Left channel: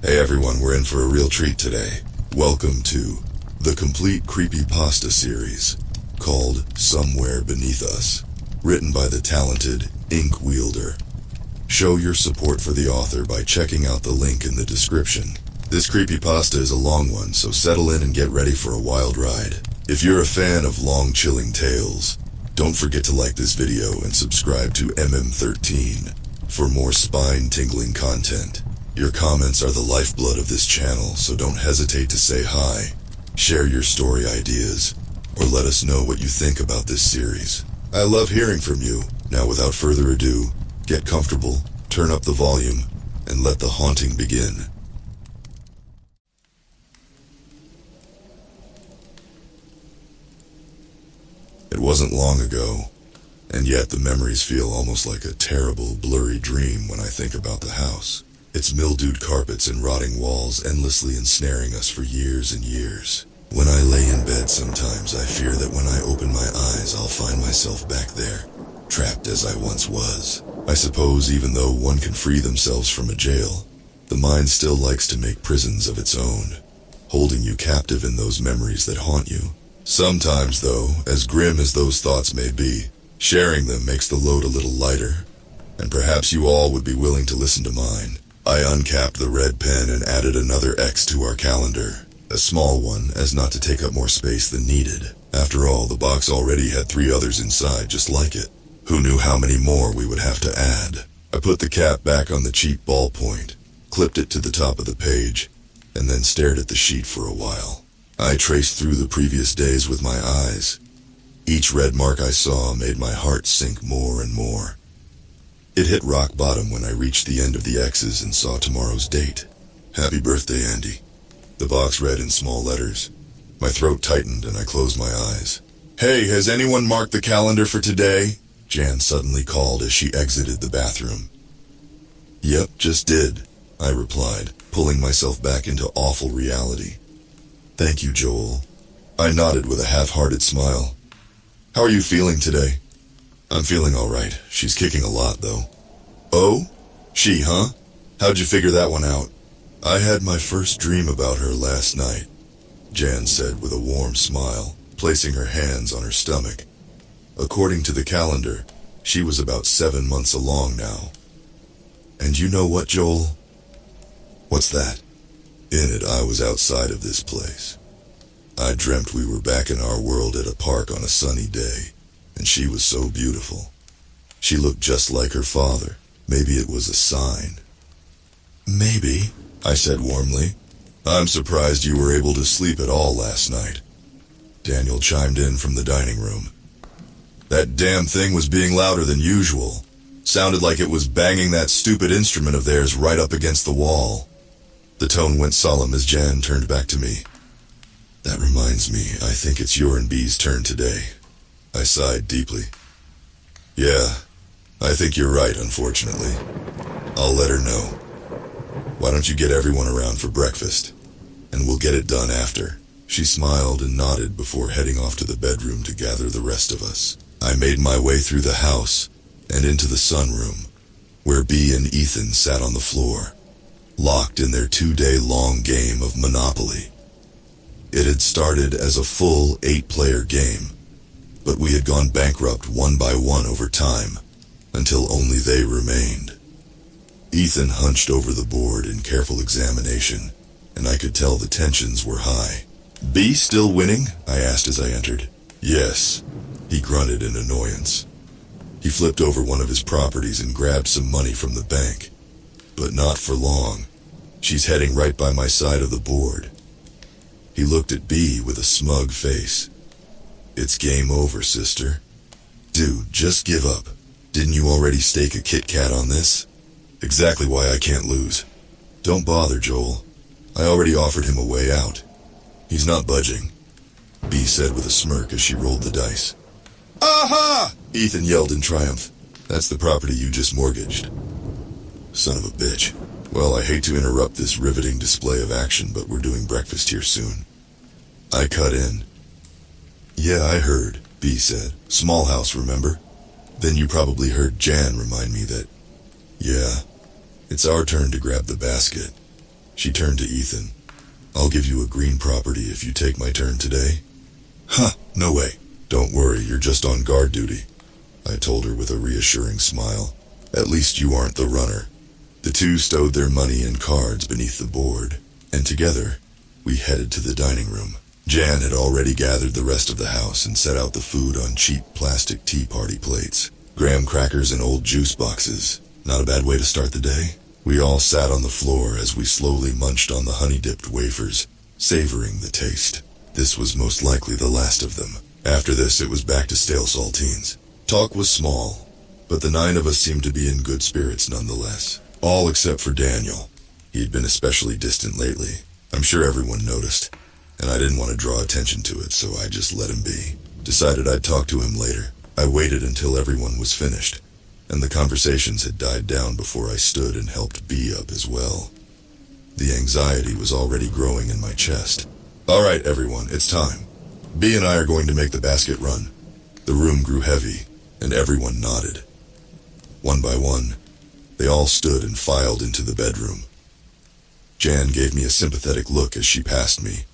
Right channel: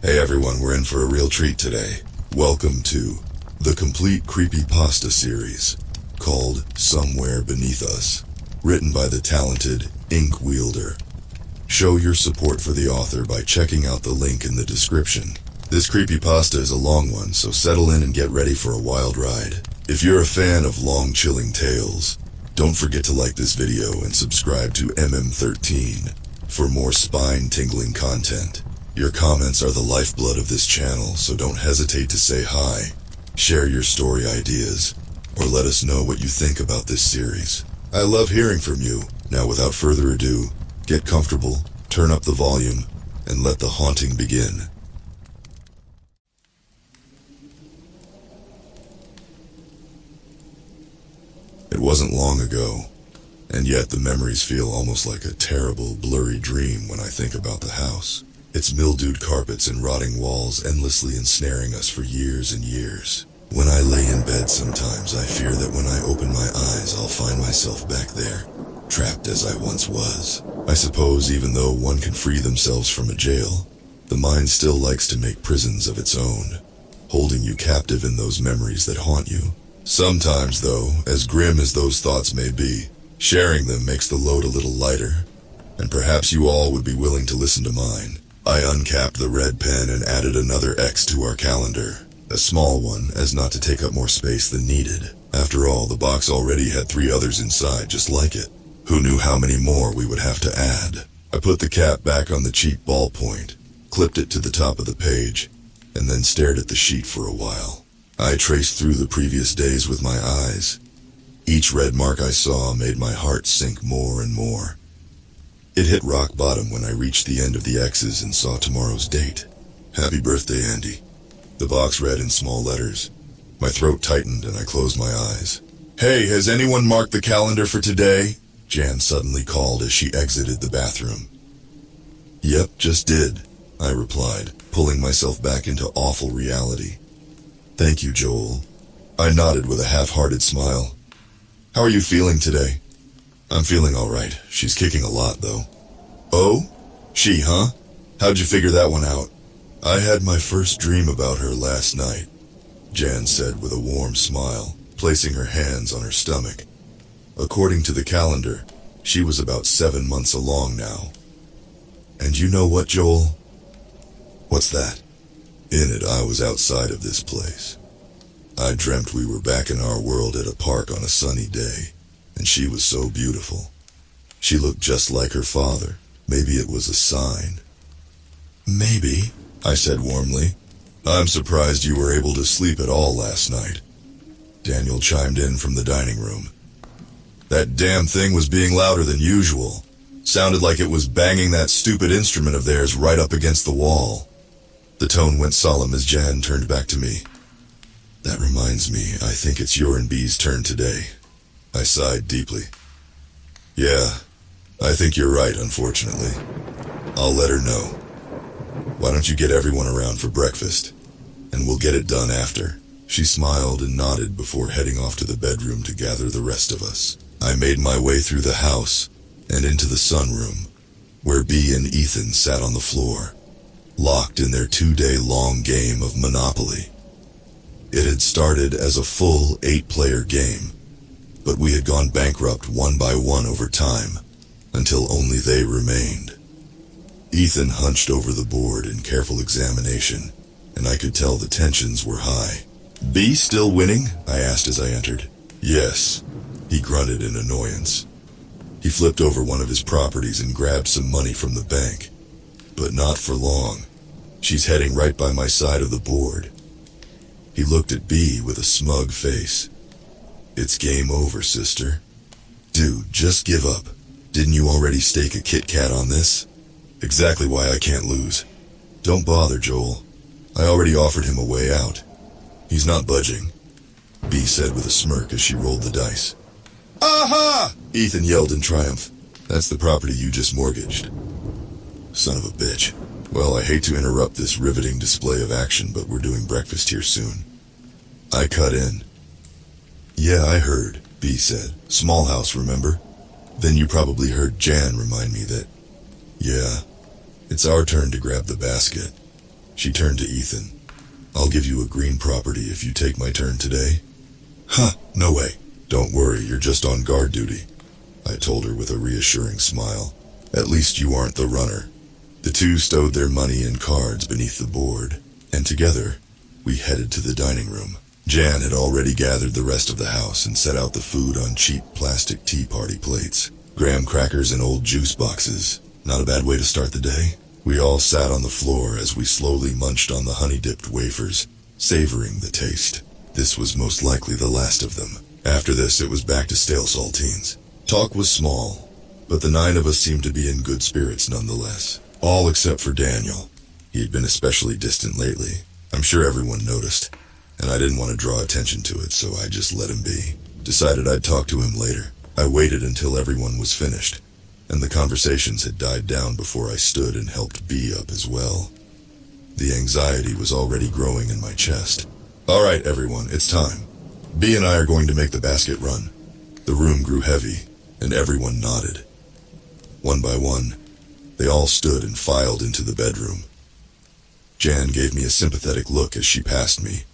Hey everyone, we're in for a real treat today. Welcome to the complete Creepypasta series called Somewhere Beneath Us, written by the talented Ink Wielder. Show your support for the author by checking out the link in the description. This creepypasta is a long one, so settle in and get ready for a wild ride. If you're a fan of long chilling tales, don't forget to like this video and subscribe to MM13 for more spine-tingling content. Your comments are the lifeblood of this channel, so don't hesitate to say hi, share your story ideas, or let us know what you think about this series. I love hearing from you. Now without further ado, get comfortable, turn up the volume, and let the haunting begin. It wasn't long ago, and yet the memories feel almost like a terrible, blurry dream when I think about the house. Its mildewed carpets and rotting walls endlessly ensnaring us for years and years. When I lay in bed sometimes, I fear that when I open my eyes, I'll find myself back there, trapped as I once was. I suppose even though one can free themselves from a jail, the mind still likes to make prisons of its own, holding you captive in those memories that haunt you. Sometimes, though, as grim as those thoughts may be, sharing them makes the load a little lighter, and perhaps you all would be willing to listen to mine. I uncapped the red pen and added another X to our calendar, a small one as not to take up more space than needed. After all, the box already had 3 others inside just like it. Who knew how many more we would have to add? I put the cap back on the cheap ballpoint, clipped it to the top of the page, and then stared at the sheet for a while. I traced through the previous days with my eyes. Each red mark I saw made my heart sink more and more. It hit rock bottom when I reached the end of the X's and saw tomorrow's date. Happy birthday, Andy. The box read in small letters. My throat tightened and I closed my eyes. Hey, has anyone marked the calendar for today? Jan suddenly called as she exited the bathroom. Yep, just did, I replied, pulling myself back into awful reality. Thank you, Joel. I nodded with a half-hearted smile. How are you feeling today? I'm feeling all right. She's kicking a lot, though. Oh? She, huh? How'd you figure that one out? I had my first dream about her last night, Jan said with a warm smile, placing her hands on her stomach. According to the calendar, she was about 7 months along now. And you know what, Joel? What's that? In it, I was outside of this place. I dreamt we were back in our world at a park on a sunny day, and she was so beautiful. She looked just like her father. Maybe it was a sign. Maybe, I said warmly. I'm surprised you were able to sleep at all last night. Daniel chimed in from the dining room. That damn thing was being louder than usual. Sounded like it was banging that stupid instrument of theirs right up against the wall. The tone went solemn as Jan turned back to me. That reminds me, I think it's your and B's turn today. I sighed deeply. Yeah, I think you're right, unfortunately. I'll let her know. Why don't you get everyone around for breakfast, and we'll get it done after. She smiled and nodded before heading off to the bedroom to gather the rest of us. I made my way through the house and into the sunroom, where B and Ethan sat on the floor, locked in their 2-day-long game of Monopoly. It had started as a full 8-player game, but we had gone bankrupt one by one over time, until only they remained. Ethan hunched over the board in careful examination, and I could tell the tensions were high. B still winning? I asked as I entered. Yes, he grunted in annoyance. He flipped over one of his properties and grabbed some money from the bank. But not for long. She's heading right by my side of the board. He looked at B with a smug face. It's game over, sister. Dude, just give up. Didn't you already stake a Kit Kat on this? Exactly why I can't lose. Don't bother, Joel. I already offered him a way out. He's not budging, B said with a smirk as she rolled the dice. Aha! Ethan yelled in triumph. That's the property you just mortgaged. Son of a bitch. Well, I hate to interrupt this riveting display of action, but we're doing breakfast here soon. I cut in. Yeah, I heard, B said. Small house, remember? Then you probably heard Jan remind me that, yeah, it's our turn to grab the basket. She turned to Ethan. I'll give you a green property if you take my turn today. Huh, no way. Don't worry, you're just on guard duty, I told her with a reassuring smile. At least you aren't the runner. The two stowed their money and cards beneath the board, and together, we headed to the dining room. Jan had already gathered the rest of the house and set out the food on cheap plastic tea party plates. Graham crackers and old juice boxes. Not a bad way to start the day. We all sat on the floor as we slowly munched on the honey-dipped wafers, savoring the taste. This was most likely the last of them. After this, it was back to stale saltines. Talk was small, but the 9 of us seemed to be in good spirits nonetheless. All except for Daniel. He'd been especially distant lately. I'm sure everyone noticed, and I didn't want to draw attention to it, so I just let him be. Decided I'd talk to him later. I waited until everyone was finished, and the conversations had died down before I stood and helped B up as well. The anxiety was already growing in my chest. All right, everyone, it's time. B and I are going to make the basket run. The room grew heavy, and everyone nodded. One by one, they all stood and filed into the bedroom. Jan gave me a sympathetic look as she passed me,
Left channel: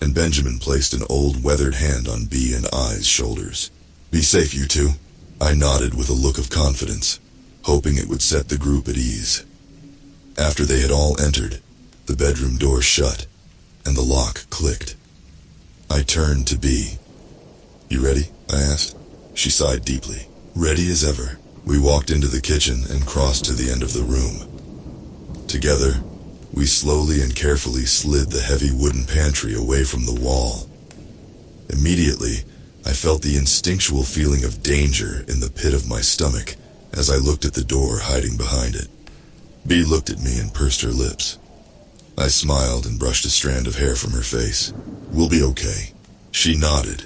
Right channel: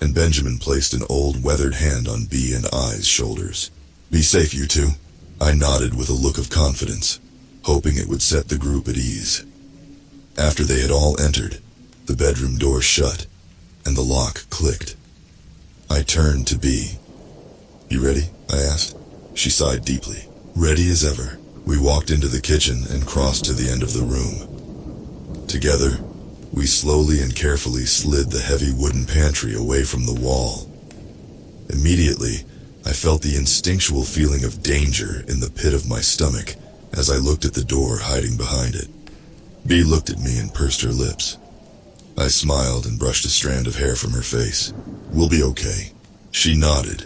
and Benjamin placed an old weathered hand on B and I's shoulders. Be safe, you two. I nodded with a look of confidence, hoping it would set the group at ease. After they had all entered, the bedroom door shut, and the lock clicked. I turned to B. You ready? I asked. She sighed deeply. Ready as ever. We walked into the kitchen and crossed to the end of the room. Together, we slowly and carefully slid the heavy wooden pantry away from the wall. Immediately, I felt the instinctual feeling of danger in the pit of my stomach as I looked at the door hiding behind it. B looked at me and pursed her lips. I smiled and brushed a strand of hair from her face. We'll be okay. She nodded,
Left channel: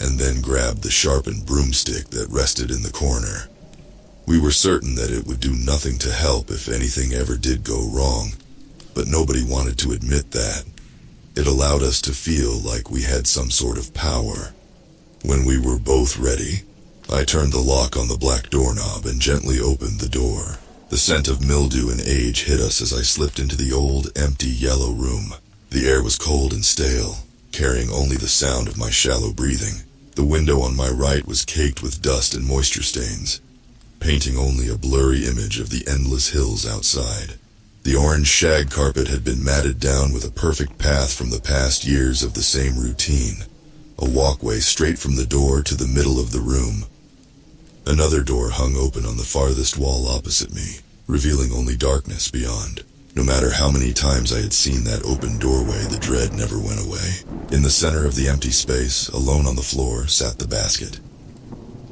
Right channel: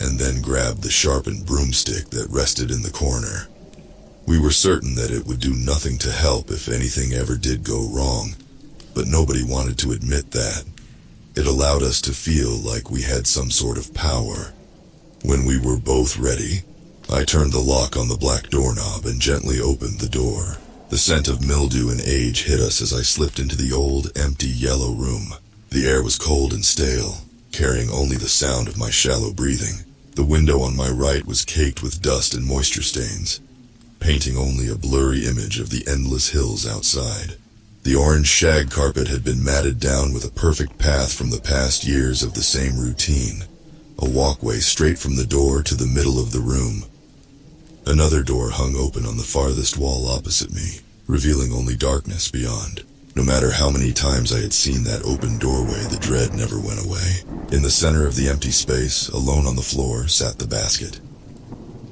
and then grabbed the sharpened broomstick that rested in the corner. We were certain that it would do nothing to help if anything ever did go wrong, but nobody wanted to admit that. It allowed us to feel like we had some sort of power. When we were both ready, I turned the lock on the black doorknob and gently opened the door. The scent of mildew and age hit us as I slipped into the old, empty yellow room. The air was cold and stale, carrying only the sound of my shallow breathing. The window on my right was caked with dust and moisture stains, painting only a blurry image of the endless hills outside. The orange shag carpet had been matted down with a perfect path from the past years of the same routine. A walkway straight from the door to the middle of the room. Another door hung open on the farthest wall opposite me, revealing only darkness beyond. No matter how many times I had seen that open doorway, the dread never went away. In the center of the empty space, alone on the floor, sat the basket.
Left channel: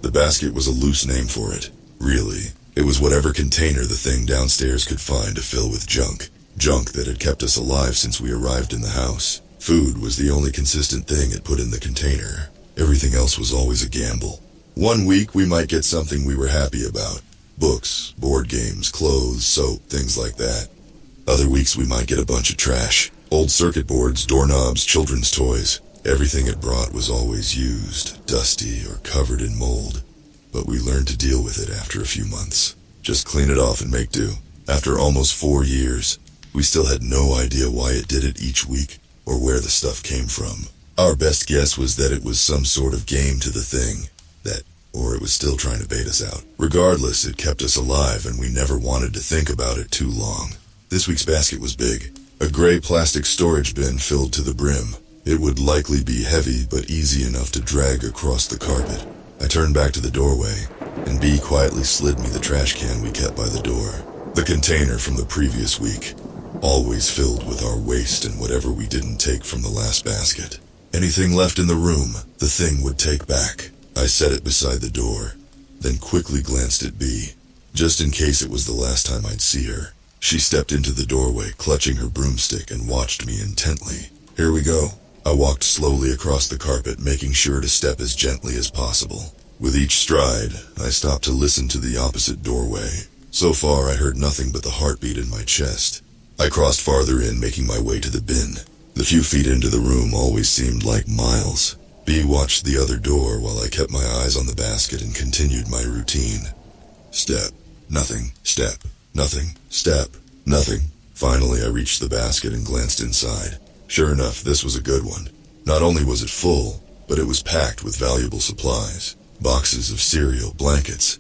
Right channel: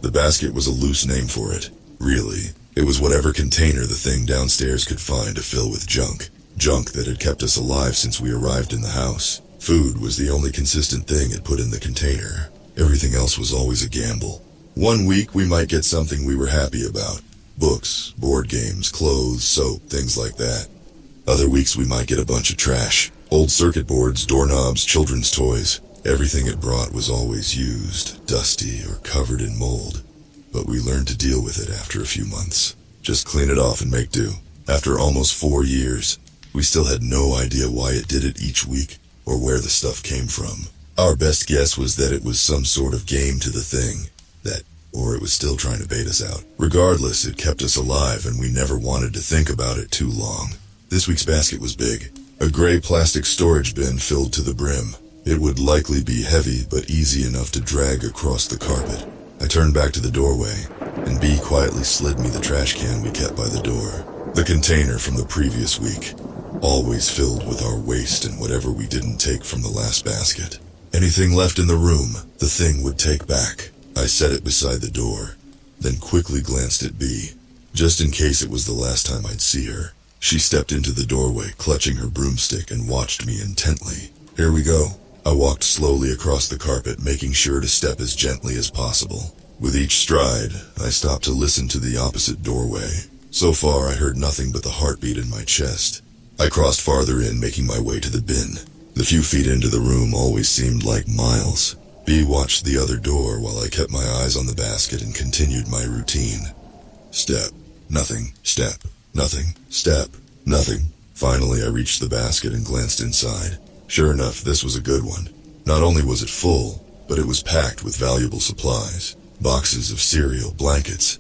The basket was a loose name for it. Really, it was whatever container the thing downstairs could find to fill with junk. Junk that had kept us alive since we arrived in the house. Food was the only consistent thing it put in the container. Everything else was always a gamble. One week we might get something we were happy about. Books, board games, clothes, soap, things like that. Other weeks we might get a bunch of trash. Old circuit boards, doorknobs, children's toys. Everything it brought was always used, dusty, or covered in mold. But we learned to deal with it after a few months. Just clean it off and make do. After almost 4 years, we still had no idea why it did it each week, or where the stuff came from. Our best guess was that it was some sort of game to the thing, or it was still trying to bait us out. Regardless, it kept us alive and we never wanted to think about it too long. This week's basket was big. A gray plastic storage bin filled to the brim. It would likely be heavy but easy enough to drag across the carpet. I turned back to the doorway, and B quietly slid me the trash can we kept by the door. The container from the previous week, always filled with our waste and whatever we didn't take from the last basket. Anything left in the room, the thing would take back. I set it beside the door, then quickly glanced at B, just in case it was the last time I'd see her. She stepped into the doorway, clutching her broomstick, and watched me intently. Here we go. I walked slowly across the carpet, making sure to step as gently as possible. With each stride, I stopped to listen to the opposite doorway. So far, I heard nothing but the heartbeat in my chest. I crossed farther in, making my way to the bin. The few feet into the room always seemed like miles. B watched the other door while I kept my eyes on the basket and continued my routine. Step, nothing, step, nothing, step, nothing. Finally, I reached the basket and glanced inside. Sure enough, this was a good one. Not only was it full, but it was packed with valuable supplies. Boxes of cereal, blankets.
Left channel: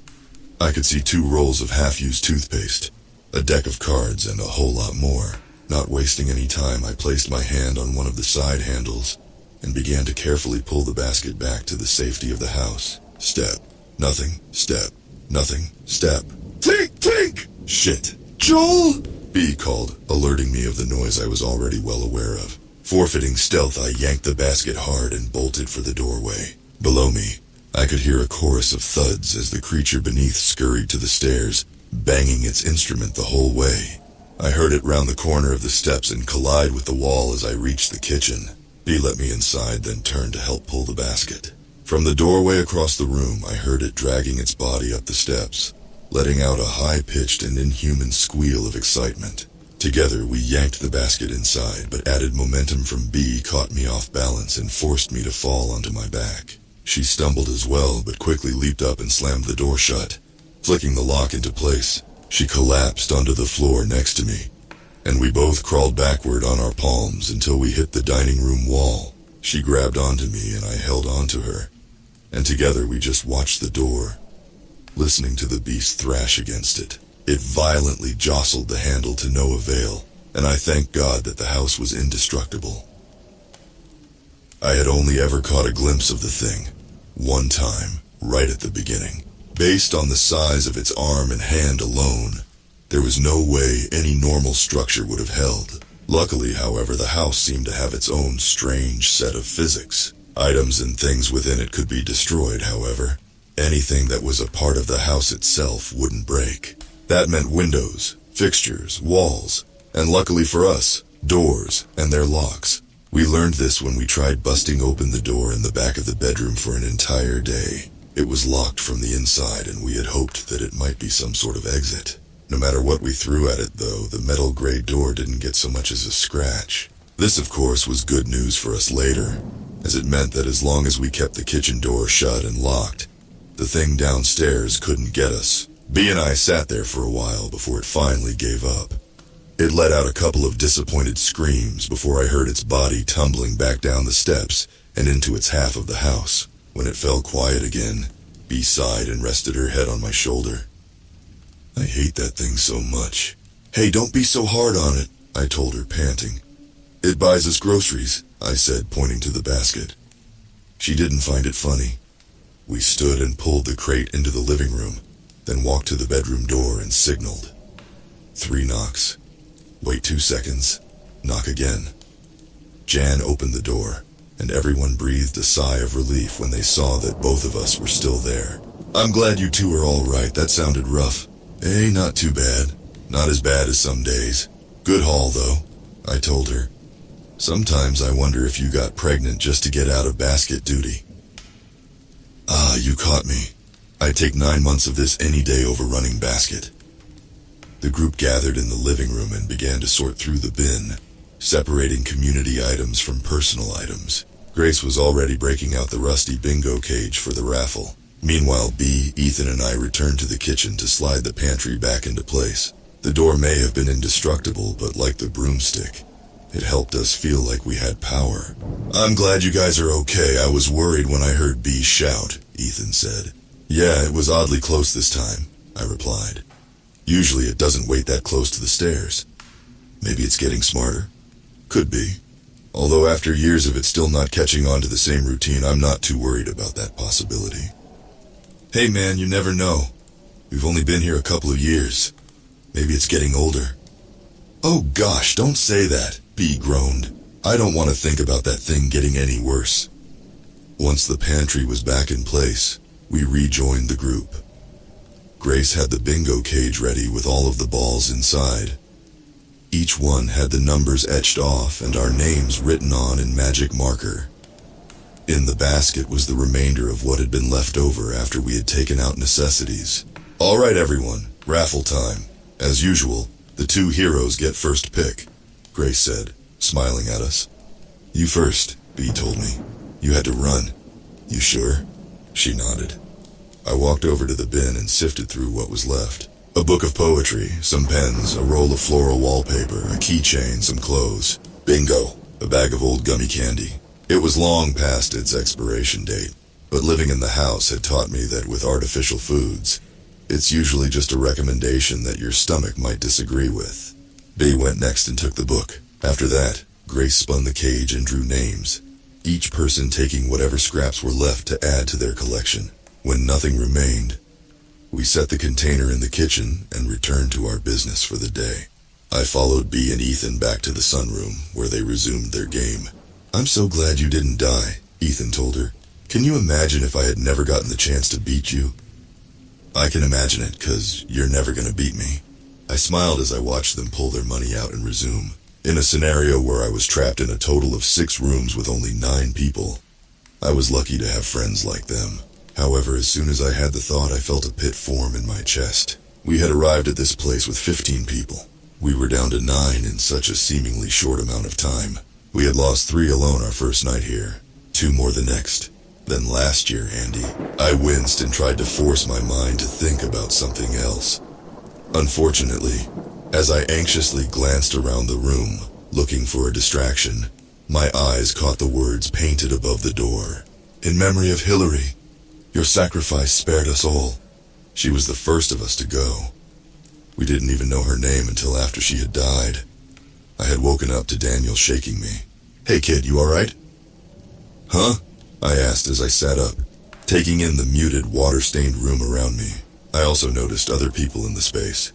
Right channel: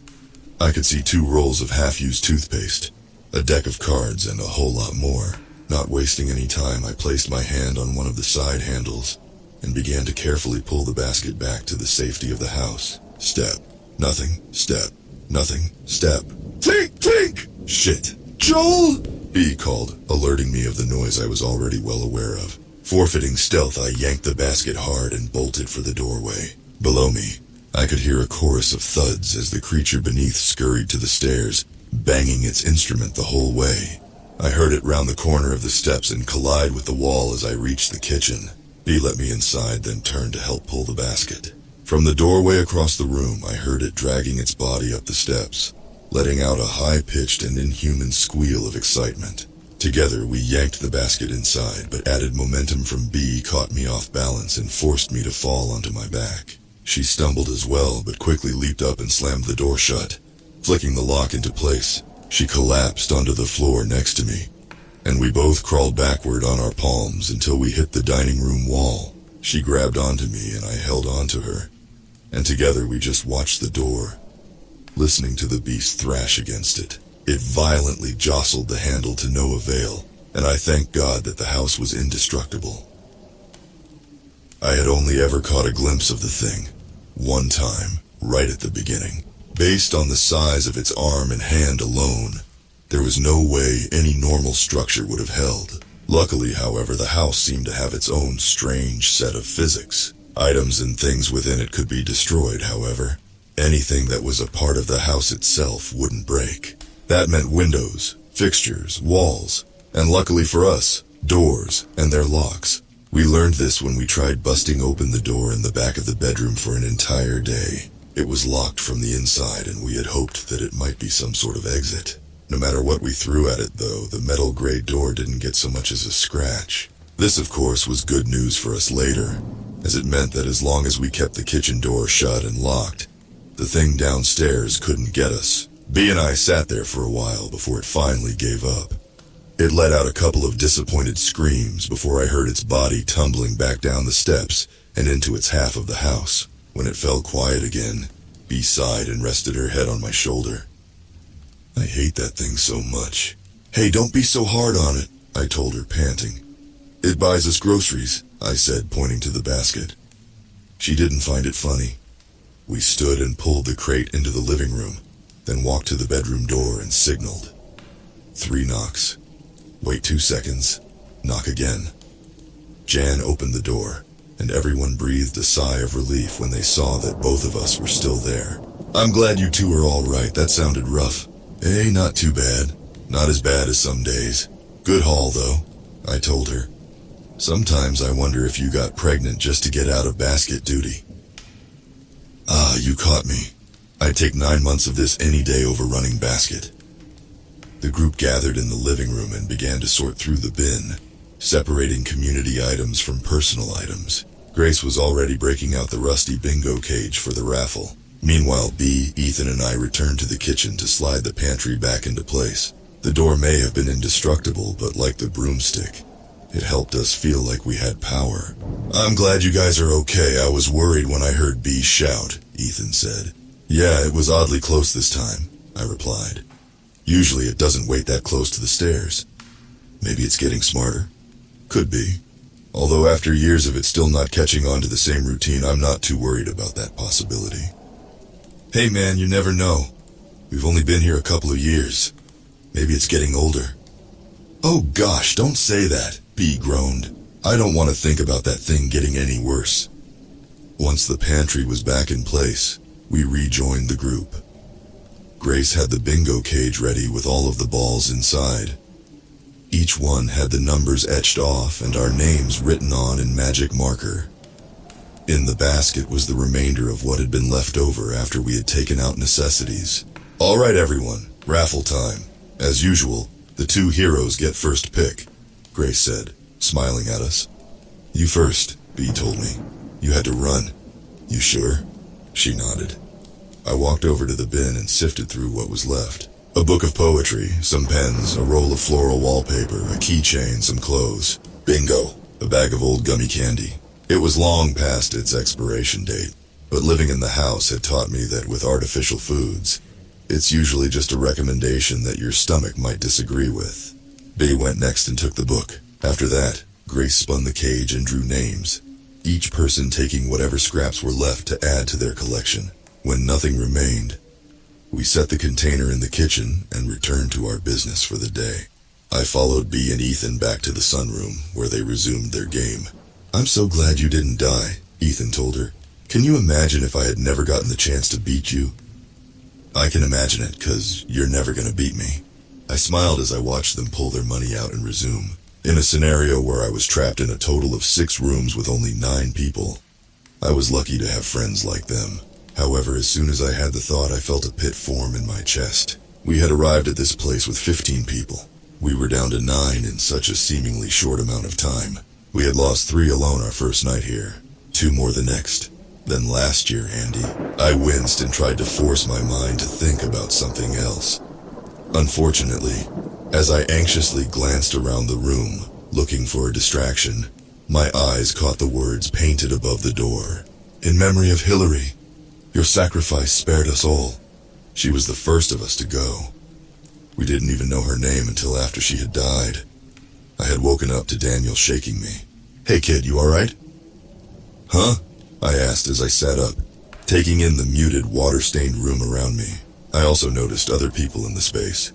I could see 2 rolls of half-used toothpaste, a deck of cards, and a whole lot more. Not wasting any time, I placed my hand on one of the side handles and began to carefully pull the basket back to the safety of the house. Step. Nothing. Step. Nothing. Step. Tink! Tink! Shit. Joel! B called, alerting me of the noise I was already well aware of. Forfeiting stealth, I yanked the basket hard and bolted for the doorway. Below me, I could hear a chorus of thuds as the creature beneath scurried to the stairs, banging its instrument the whole way. I heard it round the corner of the steps and collide with the wall as I reached the kitchen. B let me inside, then turned to help pull the basket. From the doorway across the room, I heard it dragging its body up the steps, letting out a high-pitched and inhuman squeal of excitement. Together, we yanked the basket inside, but added momentum from B caught me off balance and forced me to fall onto my back. She stumbled as well, but quickly leaped up and slammed the door shut. Flicking the lock into place, she collapsed onto the floor next to me, and we both crawled backward on our palms until we hit the dining room wall. She grabbed onto me and I held onto her, and together we just watched the door, listening to the beast thrash against it. It violently jostled the handle to no avail, and I thanked God that the house was indestructible. I had only ever caught a glimpse of the thing, one time, right at the beginning. Based on the size of its arm and hand alone, there was no way any normal structure would have held. Luckily, however, the house seemed to have its own strange set of physics. Items and things within it could be destroyed, however. Anything that was a part of the house itself wouldn't break. That meant windows, fixtures, walls, and luckily for us, doors and their locks. We learned this when we tried busting open the door in the back of the bedroom for an entire day. It was locked from the inside, and we had hoped that it might be some sort of exit. No matter what we threw at it, though, the metal gray door didn't get so much as a scratch. This, of course, was good news for us later, as it meant that as long as we kept the kitchen door shut and locked, the thing downstairs couldn't get us. B and I sat there for a while before it finally gave up. It let out a couple of disappointed screams before I heard its body tumbling back down the steps and into its half of the house. When it fell quiet again, B sighed and rested her head on my shoulder. I hate that thing so much. Hey, don't be so hard on it, I told her, panting. It buys us groceries, I said, pointing to the basket. She didn't find it funny. We stood and pulled the crate into the living room, then walked to the bedroom door and signaled. 3 knocks. Wait 2 seconds. Knock again. Jan opened the door, and everyone breathed a sigh of relief when they saw that both of us were still there. I'm glad you two are all right. That sounded rough. Hey, not too bad. Not as bad as some days. Good haul, though, I told her. Sometimes I wonder if you got pregnant just to get out of basket duty. Ah, you caught me. I'd take 9 months of this any day over running basket. The group gathered in the living room and began to sort through the bin, separating community items from personal items. Grace was already breaking out the rusty bingo cage for the raffle. Meanwhile, B, Ethan, and I returned to the kitchen to slide the pantry back into place. The door may have been indestructible, but like the broomstick, it helped us feel like we had power. I'm glad you guys are okay. I was worried when I heard B shout, Ethan said. Yeah, it was oddly close this time, I replied. Usually it doesn't wait that close to the stairs. Maybe it's getting smarter. Could be. Although after years of it still not catching on to the same routine, I'm not too worried about that possibility. Hey man, you never know. We've only been here a couple of years. Maybe it's getting older. Oh gosh, don't say that, B groaned. I don't want to think about that thing getting any worse. Once the pantry was back in place, we rejoined the group. Grace had the bingo cage ready with all of the balls inside. Each one had the numbers etched off and our names written on in magic marker. In the basket was the remainder of what had been left over after we had taken out necessities. All right, everyone, raffle time. As usual, the 2 heroes get first pick, Grace said, smiling at us. You first, B told me. You had to run. You sure? She nodded. I walked over to the bin and sifted through what was left. A book of poetry, some pens, a roll of floral wallpaper, a keychain, some clothes. Bingo, a bag of old gummy candy. It was long past its expiration date, but living in the house had taught me that with artificial foods, it's usually just a recommendation that your stomach might disagree with. B went next and took the book. After that, Grace spun the cage and drew names, each person taking whatever scraps were left to add to their collection. When nothing remained, we set the container in the kitchen and returned to our business for the day. I followed B and Ethan back to the sunroom, where they resumed their game. "I'm so glad you didn't die," Ethan told her. "Can you imagine if I had never gotten the chance to beat you?" "I can imagine it, 'cause you're never gonna beat me." I smiled as I watched them pull their money out and resume. In a scenario where I was trapped in a total of 6 rooms with only 9 people, I was lucky to have friends like them. However, as soon as I had the thought, I felt a pit form in my chest. We had arrived at this place with 15 people. We were down to 9 in such a seemingly short amount of time. We had lost 3 alone our first night here, 2 more the next. Then last year, Andy. I winced and tried to force my mind to think about something else. Unfortunately, as I anxiously glanced around the room, looking for a distraction, my eyes caught the words painted above the door. "In memory of Hillary, your sacrifice spared us all. She was the first of us to go." We didn't even know her name until after she had died. I had woken up to Daniel shaking me. "Hey kid, you alright?" "Huh?" I asked as I sat up, taking in the muted, water-stained room around me. I also noticed other people in the space,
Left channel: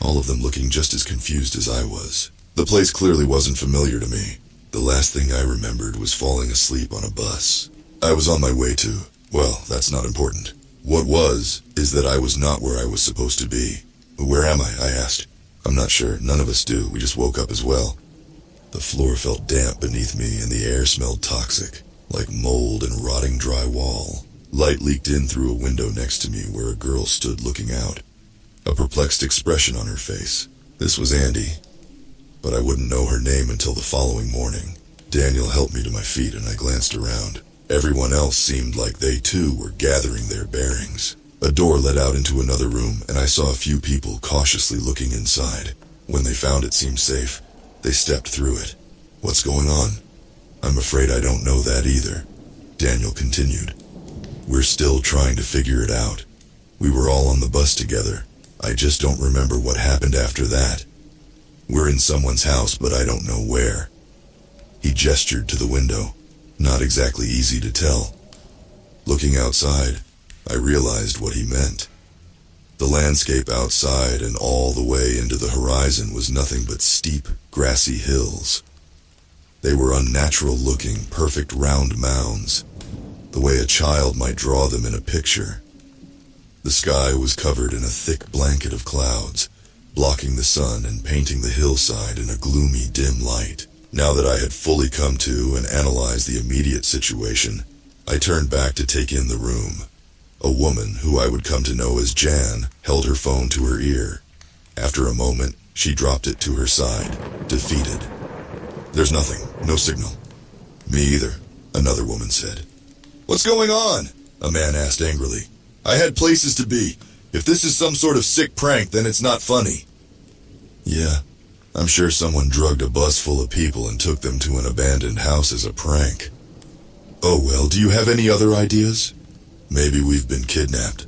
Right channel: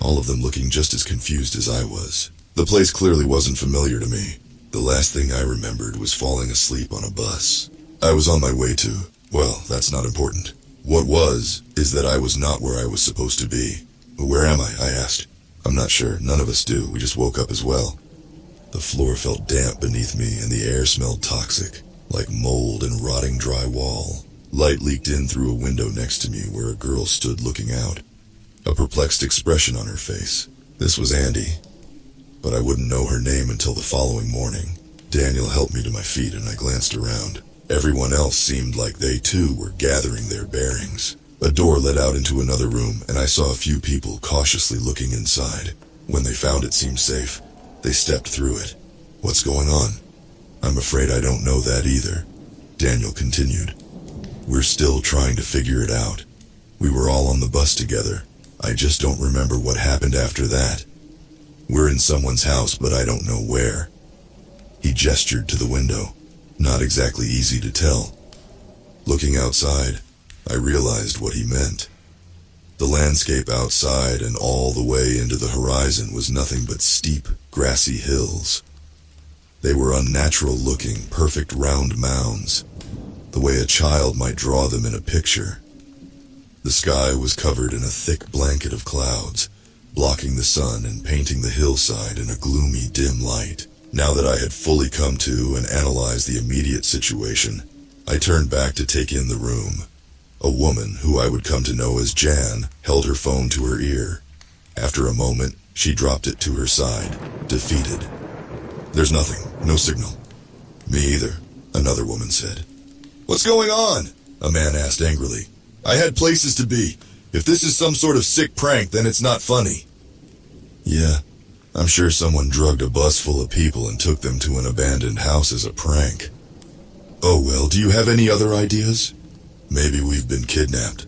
all of them looking just as confused as I was. The place clearly wasn't familiar to me. The last thing I remembered was falling asleep on a bus. I was on my way to, well, that's not important. What was, is that I was not where I was supposed to be. "Where am I?" I asked. "I'm not sure. None of us do. We just woke up as well." The floor felt damp beneath me and the air smelled toxic, like mold and rotting drywall. Light leaked in through a window next to me where a girl stood looking out, a perplexed expression on her face. This was Andy, but I wouldn't know her name until the following morning. Daniel helped me to my feet and I glanced around. Everyone else seemed like they too were gathering their bearings. A door led out into another room and I saw a few people cautiously looking inside. When they found it seemed safe, they stepped through it. "What's going on?" "I'm afraid I don't know that either," Daniel continued. "We're still trying to figure it out. We were all on the bus together. I just don't remember what happened after that. We're in someone's house, but I don't know where." He gestured to the window. Not exactly easy to tell. Looking outside, I realized what he meant. The landscape outside and all the way into the horizon was nothing but steep, grassy hills. They were unnatural-looking, perfect round mounds, the way a child might draw them in a picture. The sky was covered in a thick blanket of clouds, blocking the sun and painting the hillside in a gloomy, dim light. Now that I had fully come to and analyzed the immediate situation, I turned back to take in the room. A woman, who I would come to know as Jan, held her phone to her ear. After a moment, she dropped it to her side, defeated. "There's nothing, no signal." "Me either," another woman said. "What's going on?" a man asked angrily. "I had places to be. If this is some sort of sick prank, then it's not funny." "Yeah, I'm sure someone drugged a bus full of people and took them to an abandoned house as a prank." "Oh well, do you have any other ideas?" "Maybe we've been kidnapped,"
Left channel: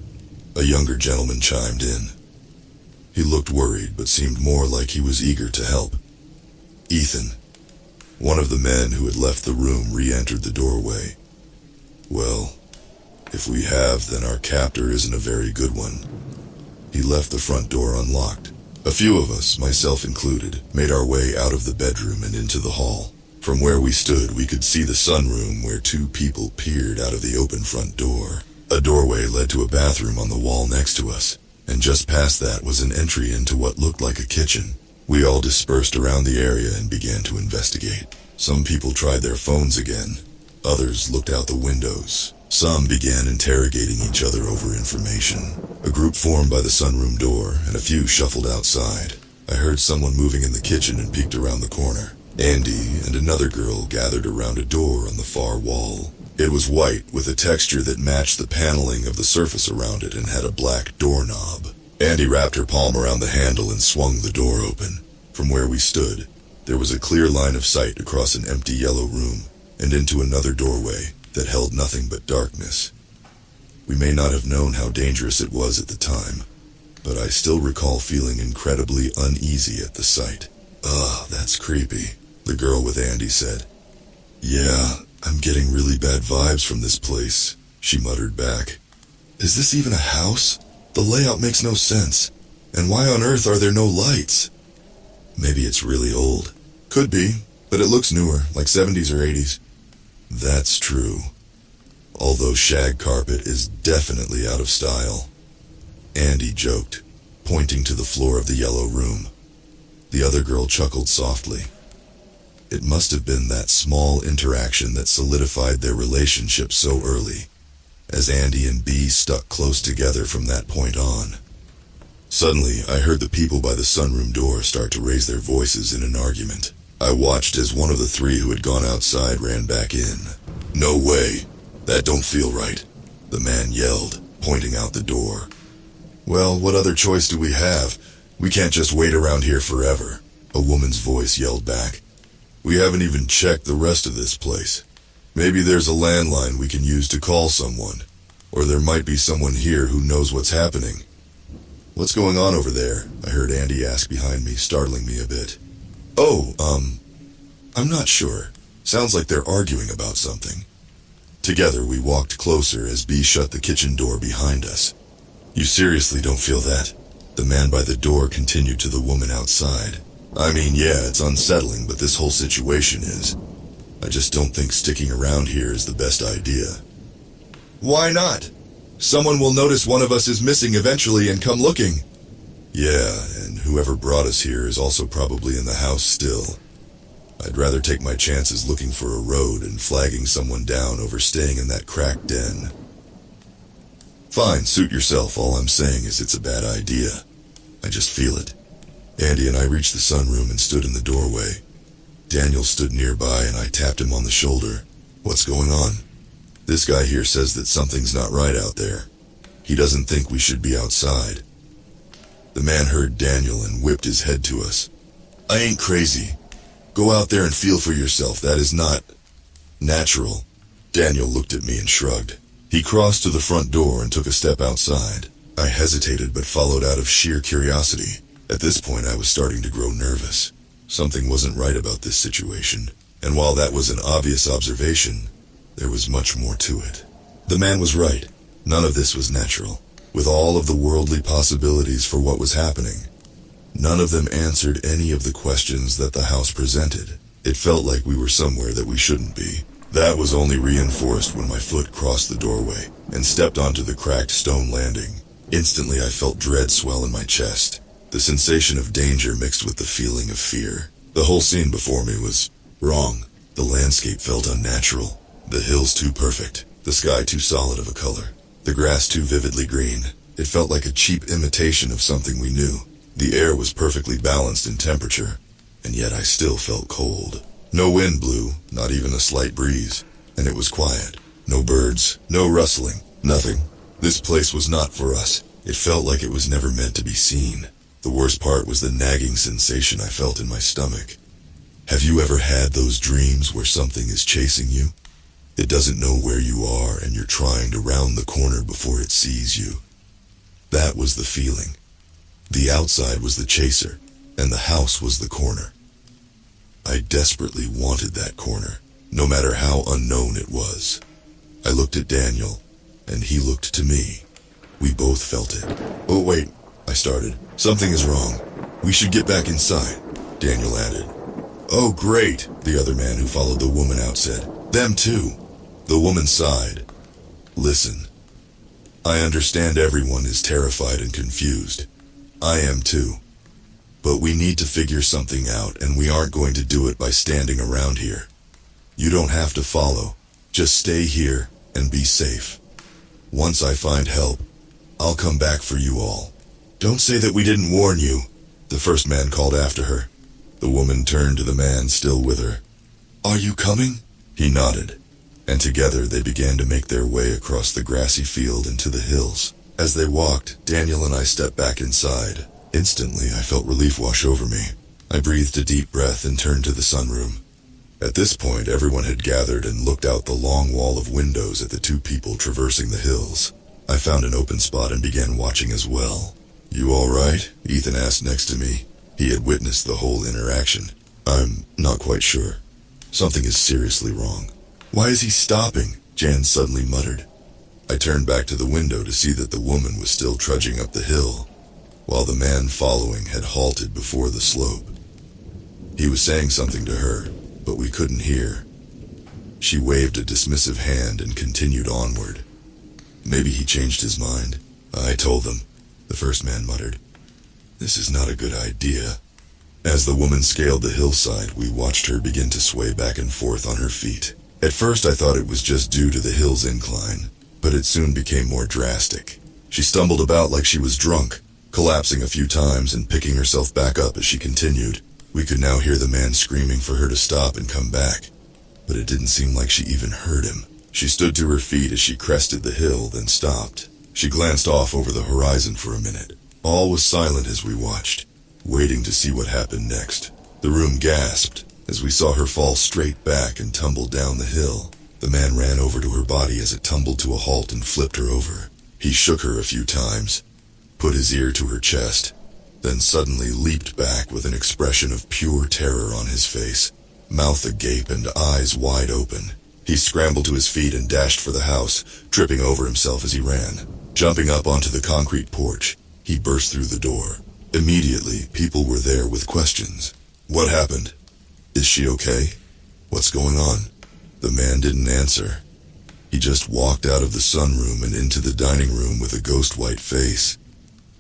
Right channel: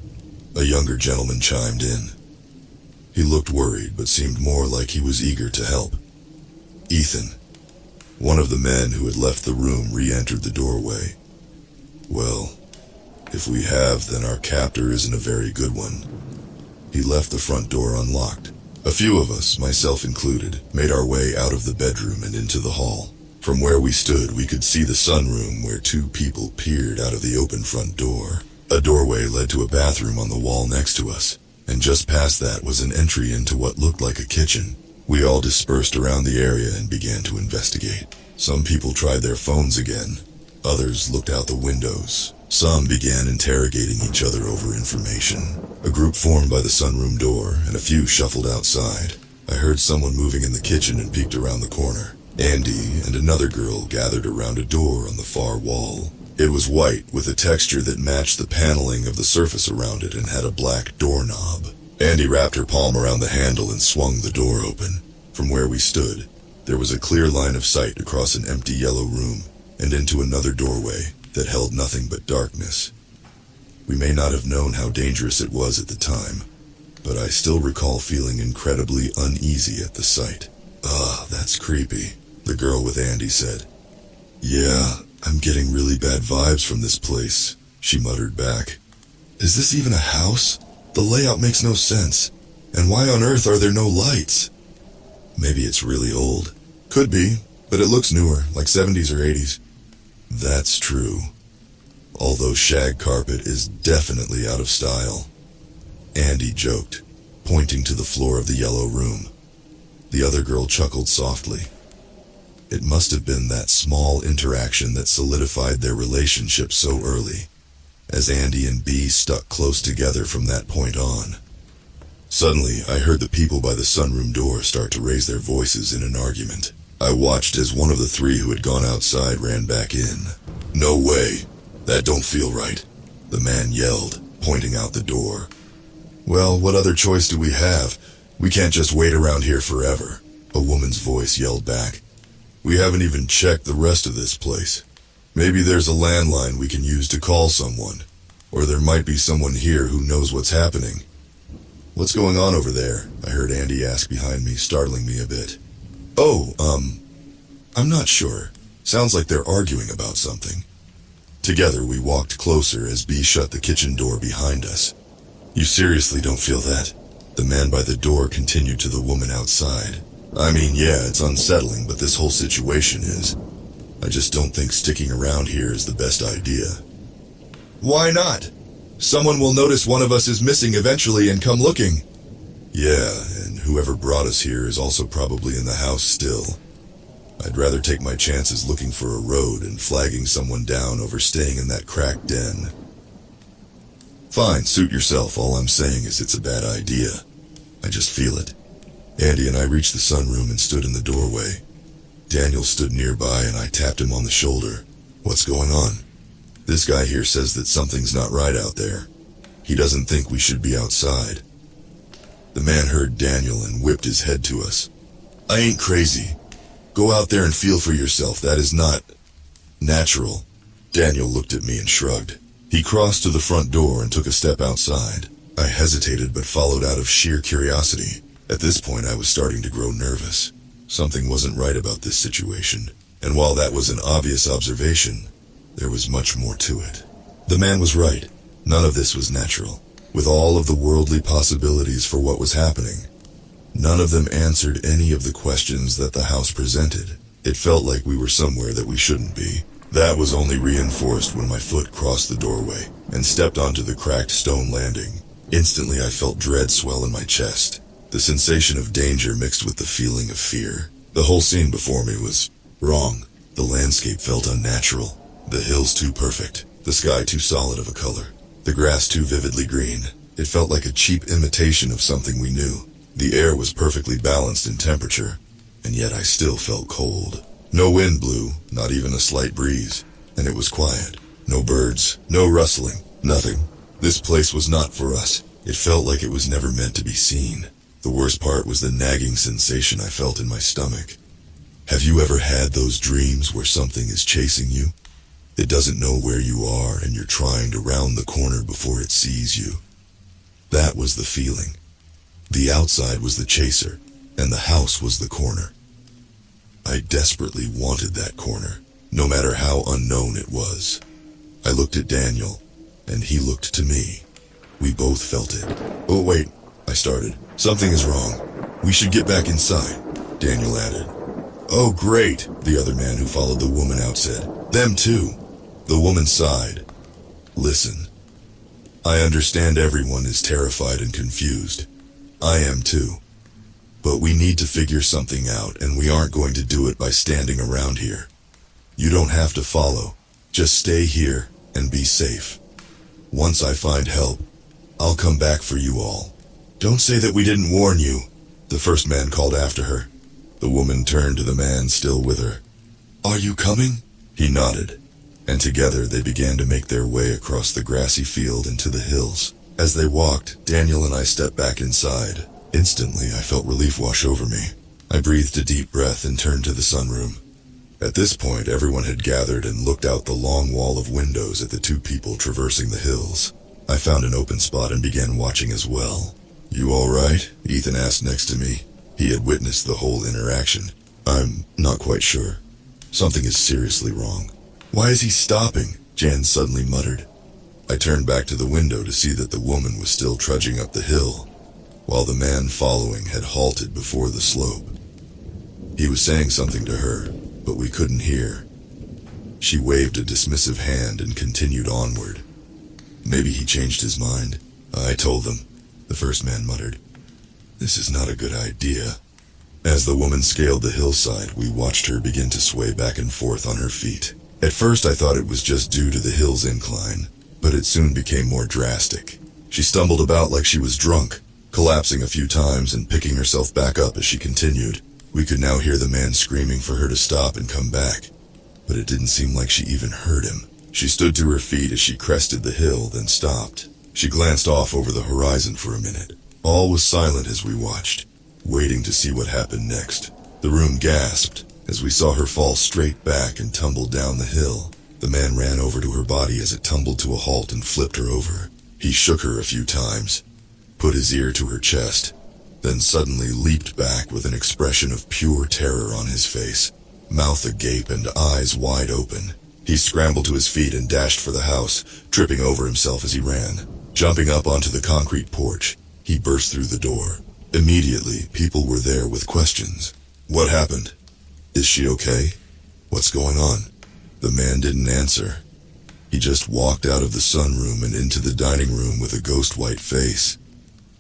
a younger gentleman chimed in. He looked worried, but seemed more like he was eager to help. Ethan, one of the men who had left the room, re-entered the doorway. "Well, if we have, then our captor isn't a very good one." He left the front door unlocked. A few of us, myself included, made our way out of the bedroom and into the hall. From where we stood, we could see the sunroom where 2 people peered out of the open front door. A doorway led to a bathroom on the wall next to us, and just past that was an entry into what looked like a kitchen. We all dispersed around the area and began to investigate. Some people tried their phones again. Others looked out the windows. Some began interrogating each other over information. A group formed by the sunroom door, and a few shuffled outside. I heard someone moving in the kitchen and peeked around the corner. Andy and another girl gathered around a door on the far wall. It was white, with a texture that matched the paneling of the surface around it and had a black doorknob. Andy wrapped her palm around the handle and swung the door open. From where we stood, there was a clear line of sight across an empty yellow room and into another doorway that held nothing but darkness. We may not have known how dangerous it was at the time, but I still recall feeling incredibly uneasy at the sight. "Ah, that's creepy," the girl with Andy said. "Yeah, I'm getting really bad vibes from this place," she muttered back. "Is this even a house? The layout makes no sense. And why on earth are there no lights?" "Maybe it's really old." "Could be, but it looks newer, like 70s or 80s. "That's true. Although shag carpet is definitely out of style," Andy joked, pointing to the floor of the yellow room. The other girl chuckled softly. It must have been that small interaction that solidified their relationship so early, as Andy and Bee stuck close together from that point on. Suddenly, I heard the people by the sunroom door start to raise their voices in an argument. I watched as one of the three who had gone outside ran back in. "No way. That don't feel right," the man yelled, pointing out the door. "Well, what other choice do we have? We can't just wait around here forever," a woman's voice yelled back. "We haven't even checked the rest of this place. Maybe there's a landline we can use to call someone, or there might be someone here who knows what's happening." "What's going on over there?" I heard Andy ask behind me, startling me a bit. "Oh, I'm not sure. Sounds like they're arguing about something." Together we walked closer as Bee shut the kitchen door behind us. "You seriously don't feel that?" The man by the door continued to the woman outside. "I mean, yeah, it's unsettling, but this whole situation is. I just don't think sticking around here is the best idea." "Why not? Someone will notice one of us is missing eventually and come looking." "Yeah, and whoever brought us here is also probably in the house still. I'd rather take my chances looking for a road and flagging someone down over staying in that cracked den." "Fine, suit yourself. All I'm saying is it's a bad idea. I just feel it." Andy and I reached the sunroom and stood in the doorway. Daniel stood nearby and I tapped him on the shoulder. "What's going on?" "This guy here says that something's not right out there. He doesn't think we should be outside." The man heard Daniel and whipped his head to us. "I ain't crazy. Go out there and feel for yourself. That is not natural." Daniel looked at me and shrugged. He crossed to the front door and took a step outside. I hesitated but followed out of sheer curiosity. At this point I was starting to grow nervous. Something wasn't right about this situation, and while that was an obvious observation, there was much more to it. The man was right. None of this was natural. With all of the worldly possibilities for what was happening, none of them answered any of the questions that the house presented. It felt like we were somewhere that we shouldn't be. That was only reinforced when my foot crossed the doorway and stepped onto the cracked stone landing. Instantly I felt dread swell in my chest. The sensation of danger mixed with the feeling of fear. The whole scene before me was wrong. The landscape felt unnatural. The hills too perfect. The sky too solid of a color. The grass too vividly green. It felt like a cheap imitation of something we knew. The air was perfectly balanced in temperature, and yet I still felt cold. No wind blew, not even a slight breeze, and it was quiet. No birds, no rustling, nothing. This place was not for us. It felt like it was never meant to be seen. The worst part was the nagging sensation I felt in my stomach. Have you ever had those dreams where something is chasing you? It doesn't know where you are and you're trying to round the corner before it sees you. That was the feeling. The outside was the chaser, and the house was the corner. I desperately wanted that corner, no matter how unknown it was. I looked at Daniel, and he looked to me. We both felt it. "Oh wait," I started. "Something is wrong. We should get back inside," Daniel added. "Oh great," the other man who followed the woman out said. "Them too." The woman sighed. "Listen, I understand everyone is terrified and confused. I am too. But we need to figure something out, and we aren't going to do it by standing around here. You don't have to follow. Just stay here and be safe. Once I find help, I'll come back for you all." "Don't say that we didn't warn you," the first man called after her. The woman turned to the man still with her. "Are you coming?" He nodded, and together they began to make their way across the grassy field into the hills. As they walked, Daniel and I stepped back inside. Instantly, I felt relief wash over me. I breathed a deep breath and turned to the sunroom. At this point, everyone had gathered and looked out the long wall of windows at the two people traversing the hills. I found an open spot and began watching as well. "You all right?" Ethan asked next to me. He had witnessed the whole interaction. "I'm not quite sure. Something is seriously wrong." "Why is he stopping?" Jan suddenly muttered. I turned back to the window to see that the woman was still trudging up the hill, while the man following had halted before the slope. He was saying something to her, but we couldn't hear. She waved a dismissive hand and continued onward. "Maybe he changed his mind." "I told them," the first man muttered. "This is not a good idea." As the woman scaled the hillside, we watched her begin to sway back and forth on her feet. At first I thought it was just due to the hill's incline, but it soon became more drastic. She stumbled about like she was drunk, collapsing a few times and picking herself back up as she continued. We could now hear the man screaming for her to stop and come back, but it didn't seem like she even heard him. She stood to her feet as she crested the hill, then stopped. She glanced off over the horizon for a minute. All was silent as we watched, waiting to see what happened next. The room gasped as we saw her fall straight back and tumble down the hill. The man ran over to her body as it tumbled to a halt and flipped her over. He shook her a few times, put his ear to her chest, then suddenly leaped back with an expression of pure terror on his face, mouth agape and eyes wide open. He scrambled to his feet and dashed for the house, tripping over himself as he ran. Jumping up onto the concrete porch, he burst through the door. Immediately, people were there with questions. "What happened? Is she okay? What's going on?" The man didn't answer. He just walked out of the sunroom and into the dining room with a ghost white face.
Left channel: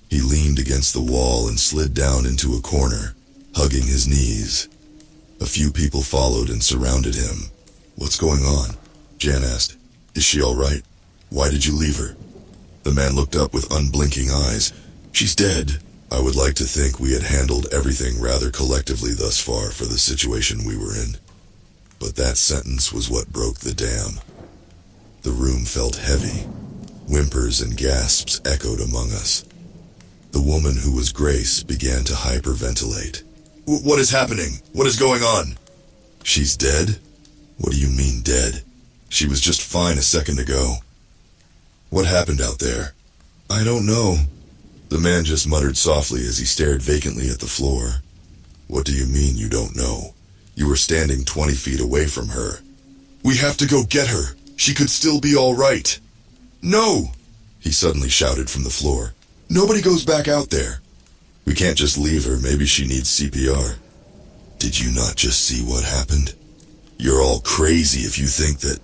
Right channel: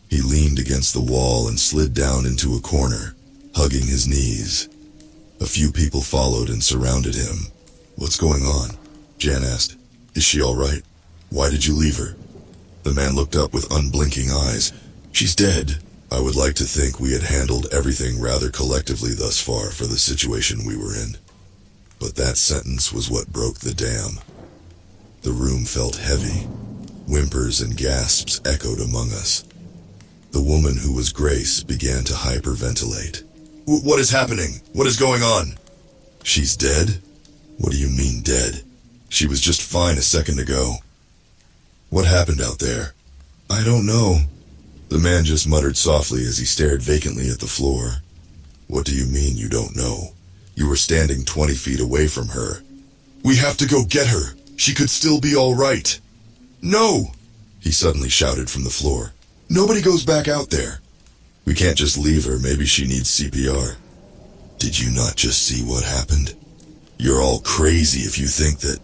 He leaned against the wall and slid down into a corner, hugging his knees. A few people followed and surrounded him. "What's going on?" Jan asked. "Is she all right? Why did you leave her?" The man looked up with unblinking eyes. "She's dead." I would like to think we had handled everything rather collectively thus far for the situation we were in. But that sentence was what broke the dam. The room felt heavy. Whimpers and gasps echoed among us. The woman who was Grace began to hyperventilate. "What is happening? What is going on?" "She's dead?" "What do you mean dead? She was just fine a second ago." "What happened out there?" "I don't know." The man just muttered softly as he stared vacantly at the floor. "What do you mean you don't know? You were standing 20 feet away from her." "We have to go get her. She could still be all right." "No!" he suddenly shouted from the floor. "Nobody goes back out there. We can't just leave her. Maybe she needs CPR." "Did you not just see what happened? You're all crazy if you think that—"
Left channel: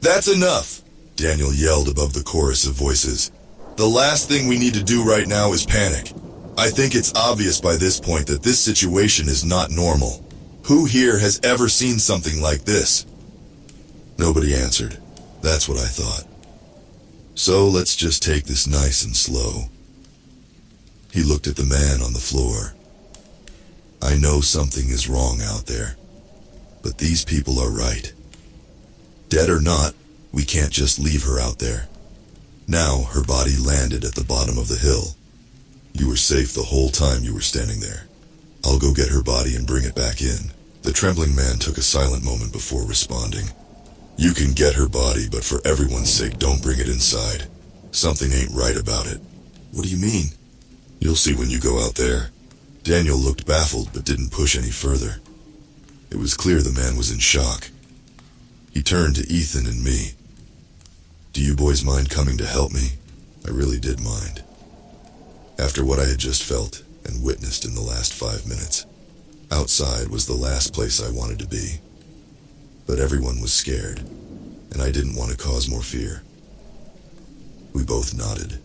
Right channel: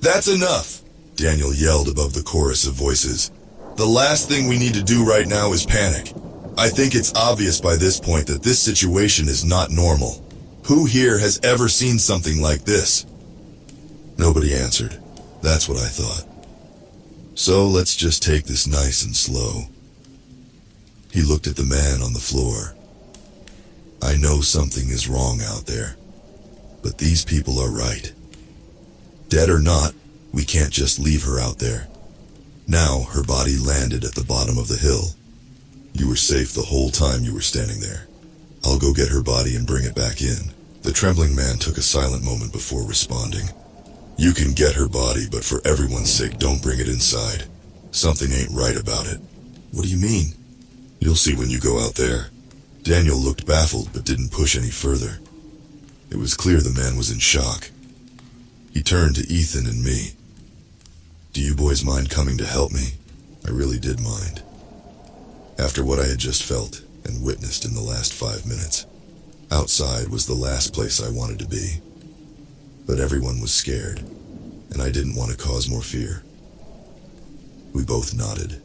"That's enough!" Daniel yelled above the chorus of voices. "The last thing we need to do right now is panic. I think it's obvious by this point that this situation is not normal. Who here has ever seen something like this?" Nobody answered. That's what I thought. "So let's just take this nice and slow." He looked at the man on the floor. "I know something is wrong out there, but these people are right. Dead or not, we can't just leave her out there. Now her body landed at the bottom of the hill. You were safe the whole time you were standing there. I'll go get her body and bring it back in." The trembling man took a silent moment before responding. "You can get her body, but for everyone's sake, don't bring it inside. Something ain't right about it." "What do you mean?" "You'll see when you go out there." Daniel looked baffled but didn't push any further. It was clear the man was in shock. He turned to Ethan and me. "Do you boys mind coming to help me?" I really did mind. After what I had just felt and witnessed in the last 5 minutes, outside was the last place I wanted to be. But everyone was scared, and I didn't want to cause more fear. We both nodded.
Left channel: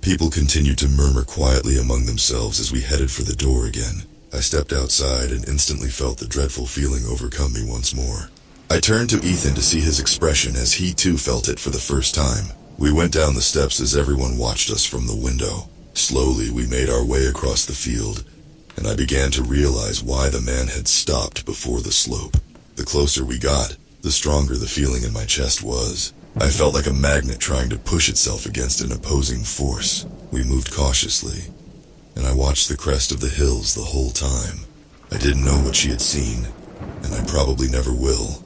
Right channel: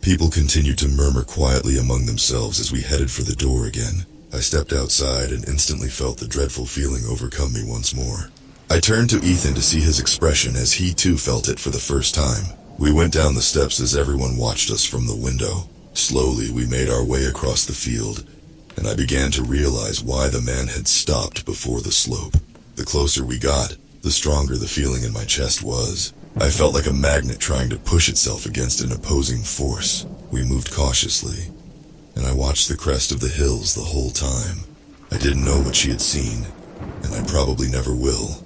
People continued to murmur quietly among themselves as we headed for the door again. I stepped outside and instantly felt the dreadful feeling overcome me once more. I turned to Ethan to see his expression as he too felt it for the first time. We went down the steps as everyone watched us from the window. Slowly we made our way across the field, and I began to realize why the man had stopped before the slope. The closer we got, the stronger the feeling in my chest was. I felt like a magnet trying to push itself against an opposing force. We moved cautiously, and I watched the crest of the hills the whole time. I didn't know what she had seen, and I probably never will,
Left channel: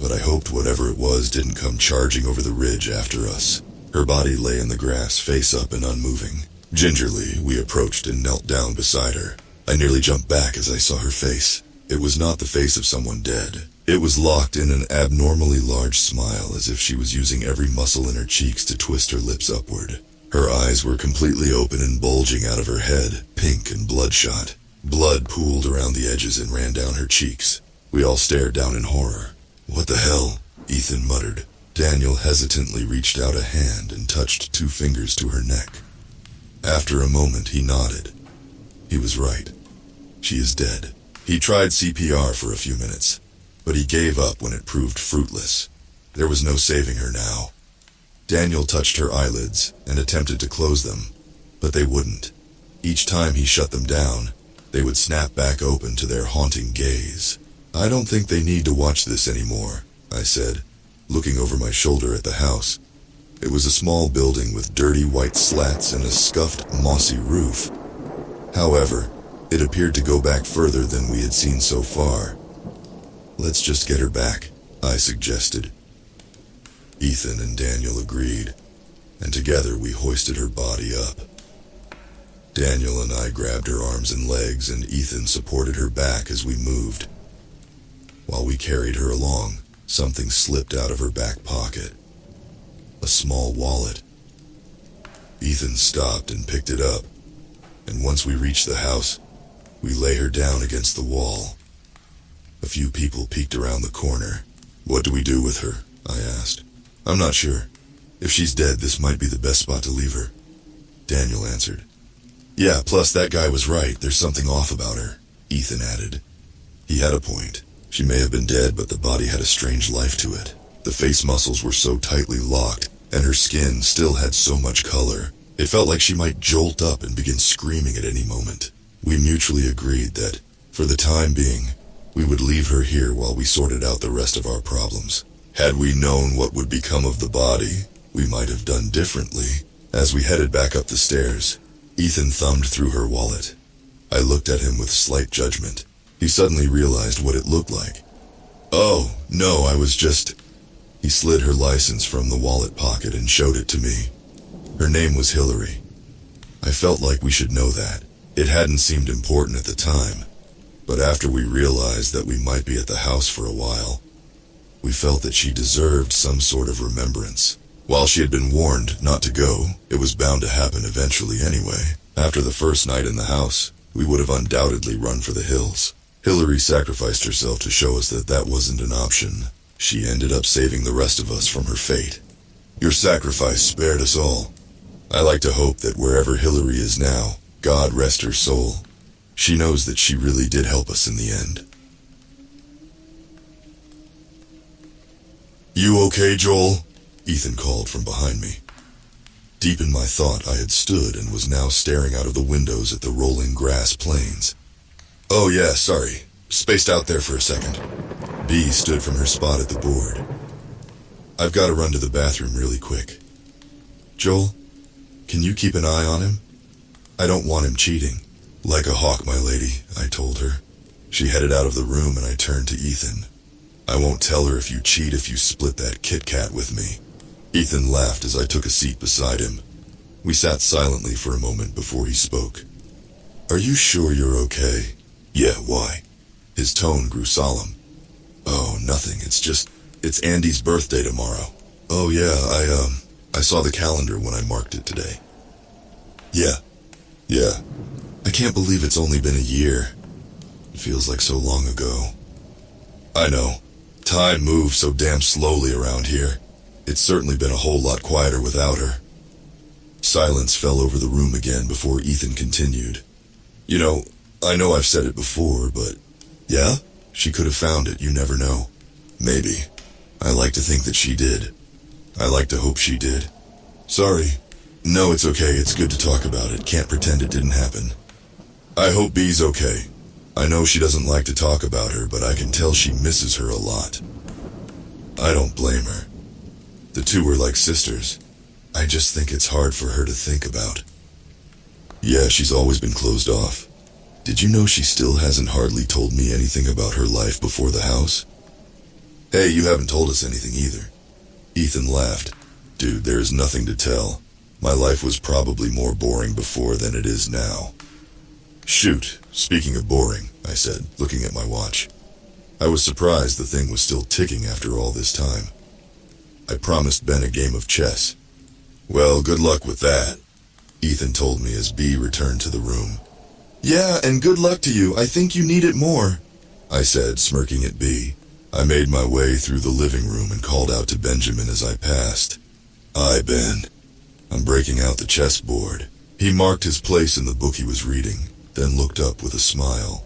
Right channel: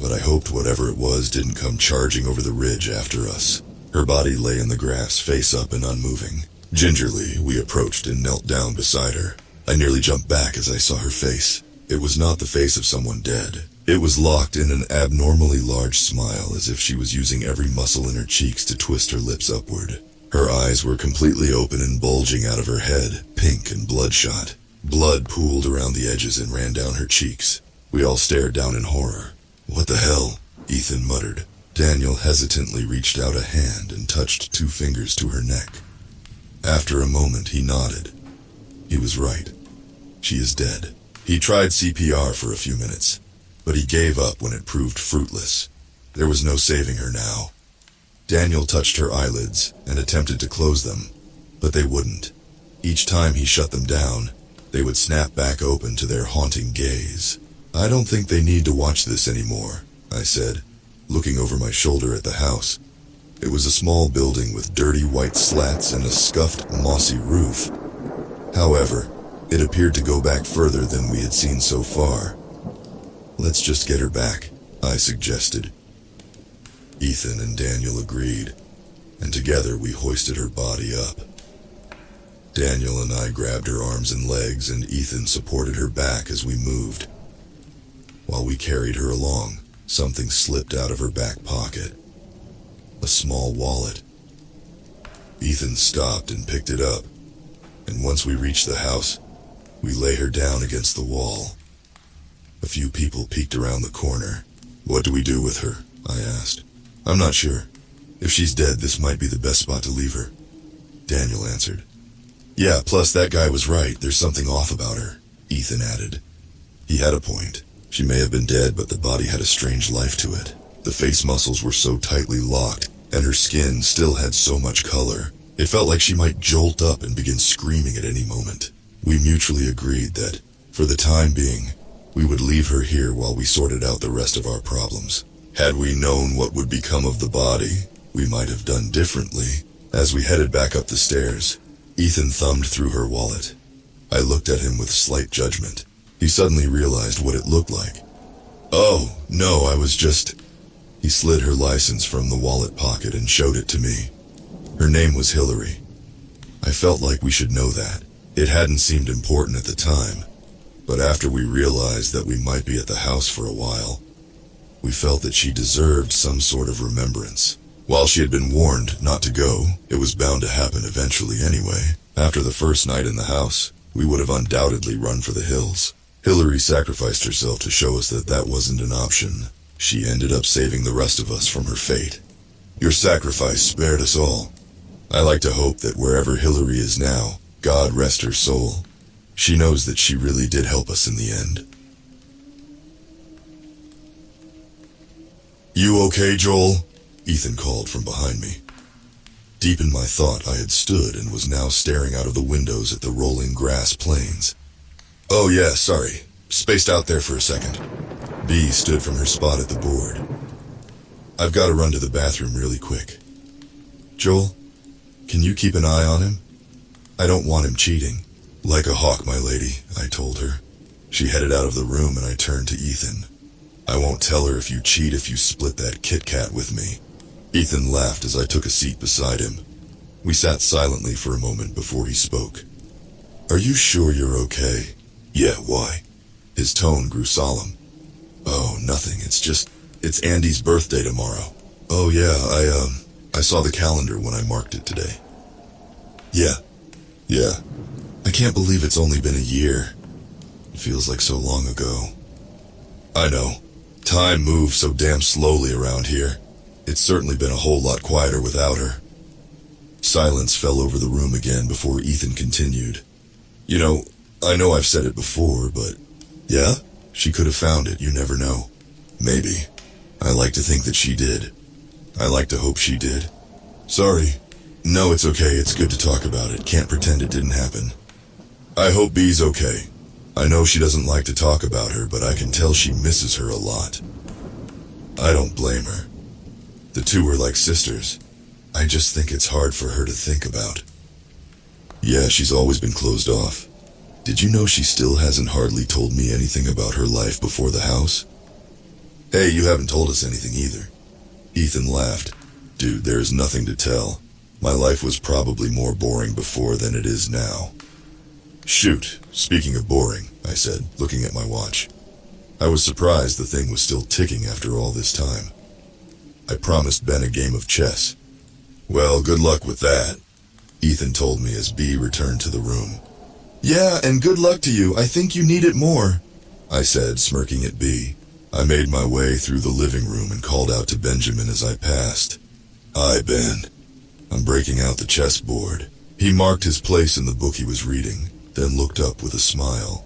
but I hoped whatever it was didn't come charging over the ridge after us. Her body lay in the grass, face up and unmoving. Gingerly, we approached and knelt down beside her. I nearly jumped back as I saw her face. It was not the face of someone dead. It was locked in an abnormally large smile, as if she was using every muscle in her cheeks to twist her lips upward. Her eyes were completely open and bulging out of her head, pink and bloodshot. Blood pooled around the edges and ran down her cheeks. We all stared down in horror. "What the hell?" Ethan muttered. Daniel hesitantly reached out a hand and touched 2 fingers to her neck. After a moment, he nodded. He was right. She is dead. He tried CPR for a few minutes, but he gave up when it proved fruitless. There was no saving her now. Daniel touched her eyelids and attempted to close them, but they wouldn't. Each time he shut them down, they would snap back open to their haunting gaze. "I don't think they need to watch this anymore," I said, looking over my shoulder at the house. It was a small building with dirty white slats and a scuffed, mossy roof. However, it appeared to go back further than we had seen so far. "Let's just get her back," I suggested. Ethan and Daniel agreed, and together we hoisted her body up. Daniel and I grabbed her arms and legs, and Ethan supported her back as we moved. While we carried her along, something slipped out of her back pocket. A small wallet. Ethan stopped and picked it up, and once we reached the house, we lay her down against the wall. A few people peeked around the corner. "What do we do with her?" I asked. "I'm not sure. If she's dead, this might be the best spot to leave her," Daniel answered. "Yeah, plus that guy was right. There's something off about her," Ethan added. He had a point. She may have been dead, but the body had a strange life to it. The face muscles were so tightly locked, and her skin still had so much color. It felt like she might jolt up and begin screaming at any moment. We mutually agreed that, for the time being, we would leave her here while we sorted out the rest of our problems. Had we known what would become of the body, we might have done differently. As we headed back up the stairs, Ethan thumbed through her wallet. I looked at him with slight judgment. He suddenly realized what it looked like. "Oh, no, I was just..." He slid her license from the wallet pocket and showed it to me. Her name was Hillary. I felt like we should know that. It hadn't seemed important at the time, but after we realized that we might be at the house for a while, we felt that she deserved some sort of remembrance. While she had been warned not to go, it was bound to happen eventually anyway. After the first night in the house, we would have undoubtedly run for the hills. Hillary sacrificed herself to show us that that wasn't an option. She ended up saving the rest of us from her fate. Your sacrifice spared us all. I like to hope that wherever Hillary is now, God rest her soul. She knows that she really did help us in the end. "You okay, Joel?" Ethan called from behind me. Deep in my thought, I had stood and was now staring out of the windows at the rolling grass plains. "Oh yeah, sorry. Spaced out there for a second." Bee stood from her spot at the board. "I've got to run to the bathroom really quick. Joel, can you keep an eye on him? I don't want him cheating." "Like a hawk, my lady," I told her. She headed out of the room and I turned to Ethan. "I won't tell her if you cheat if you split that Kit Kat with me." Ethan laughed as I took a seat beside him. We sat silently for a moment before he spoke. "Are you sure you're okay?" "Yeah, why?" His tone grew solemn. "Oh, nothing. It's Andy's birthday tomorrow." "Oh yeah, I saw the calendar when I marked it today." Yeah. I can't believe it's only been a year. It feels like so long ago." "I know. Time moves so damn slowly around here. It's certainly been a whole lot quieter without her." Silence fell over the room again before Ethan continued. "You know, I know I've said it before, but..." "Yeah? She could have found it, you never know." "Maybe. I like to think that she did. I like to hope she did." "Sorry." "No, it's okay. It's good to talk about it. Can't pretend it didn't happen." "I hope Bee's okay. I know she doesn't like to talk about her, but I can tell she misses her a lot." "I don't blame her. The two were like sisters. I just think it's hard for her to think about. Yeah, she's always been closed off. Did you know she still hasn't hardly told me anything about her life before the house? Hey, you haven't told us anything either. Ethan laughed. Dude, there is nothing to tell. My life was probably more boring before than it is now. Shoot, speaking of boring, I said, looking at my watch. I was surprised the thing was still ticking after all this time. I promised Ben a game of chess. Well, good luck with that, Ethan told me as B returned to the room. Yeah, and good luck to you. I think you need it more, I said, smirking at B. I made my way through the living room and called out to Benjamin as I passed. Hi, Ben. I'm breaking out the chessboard. He marked his place in the book he was reading, then looked up with a smile.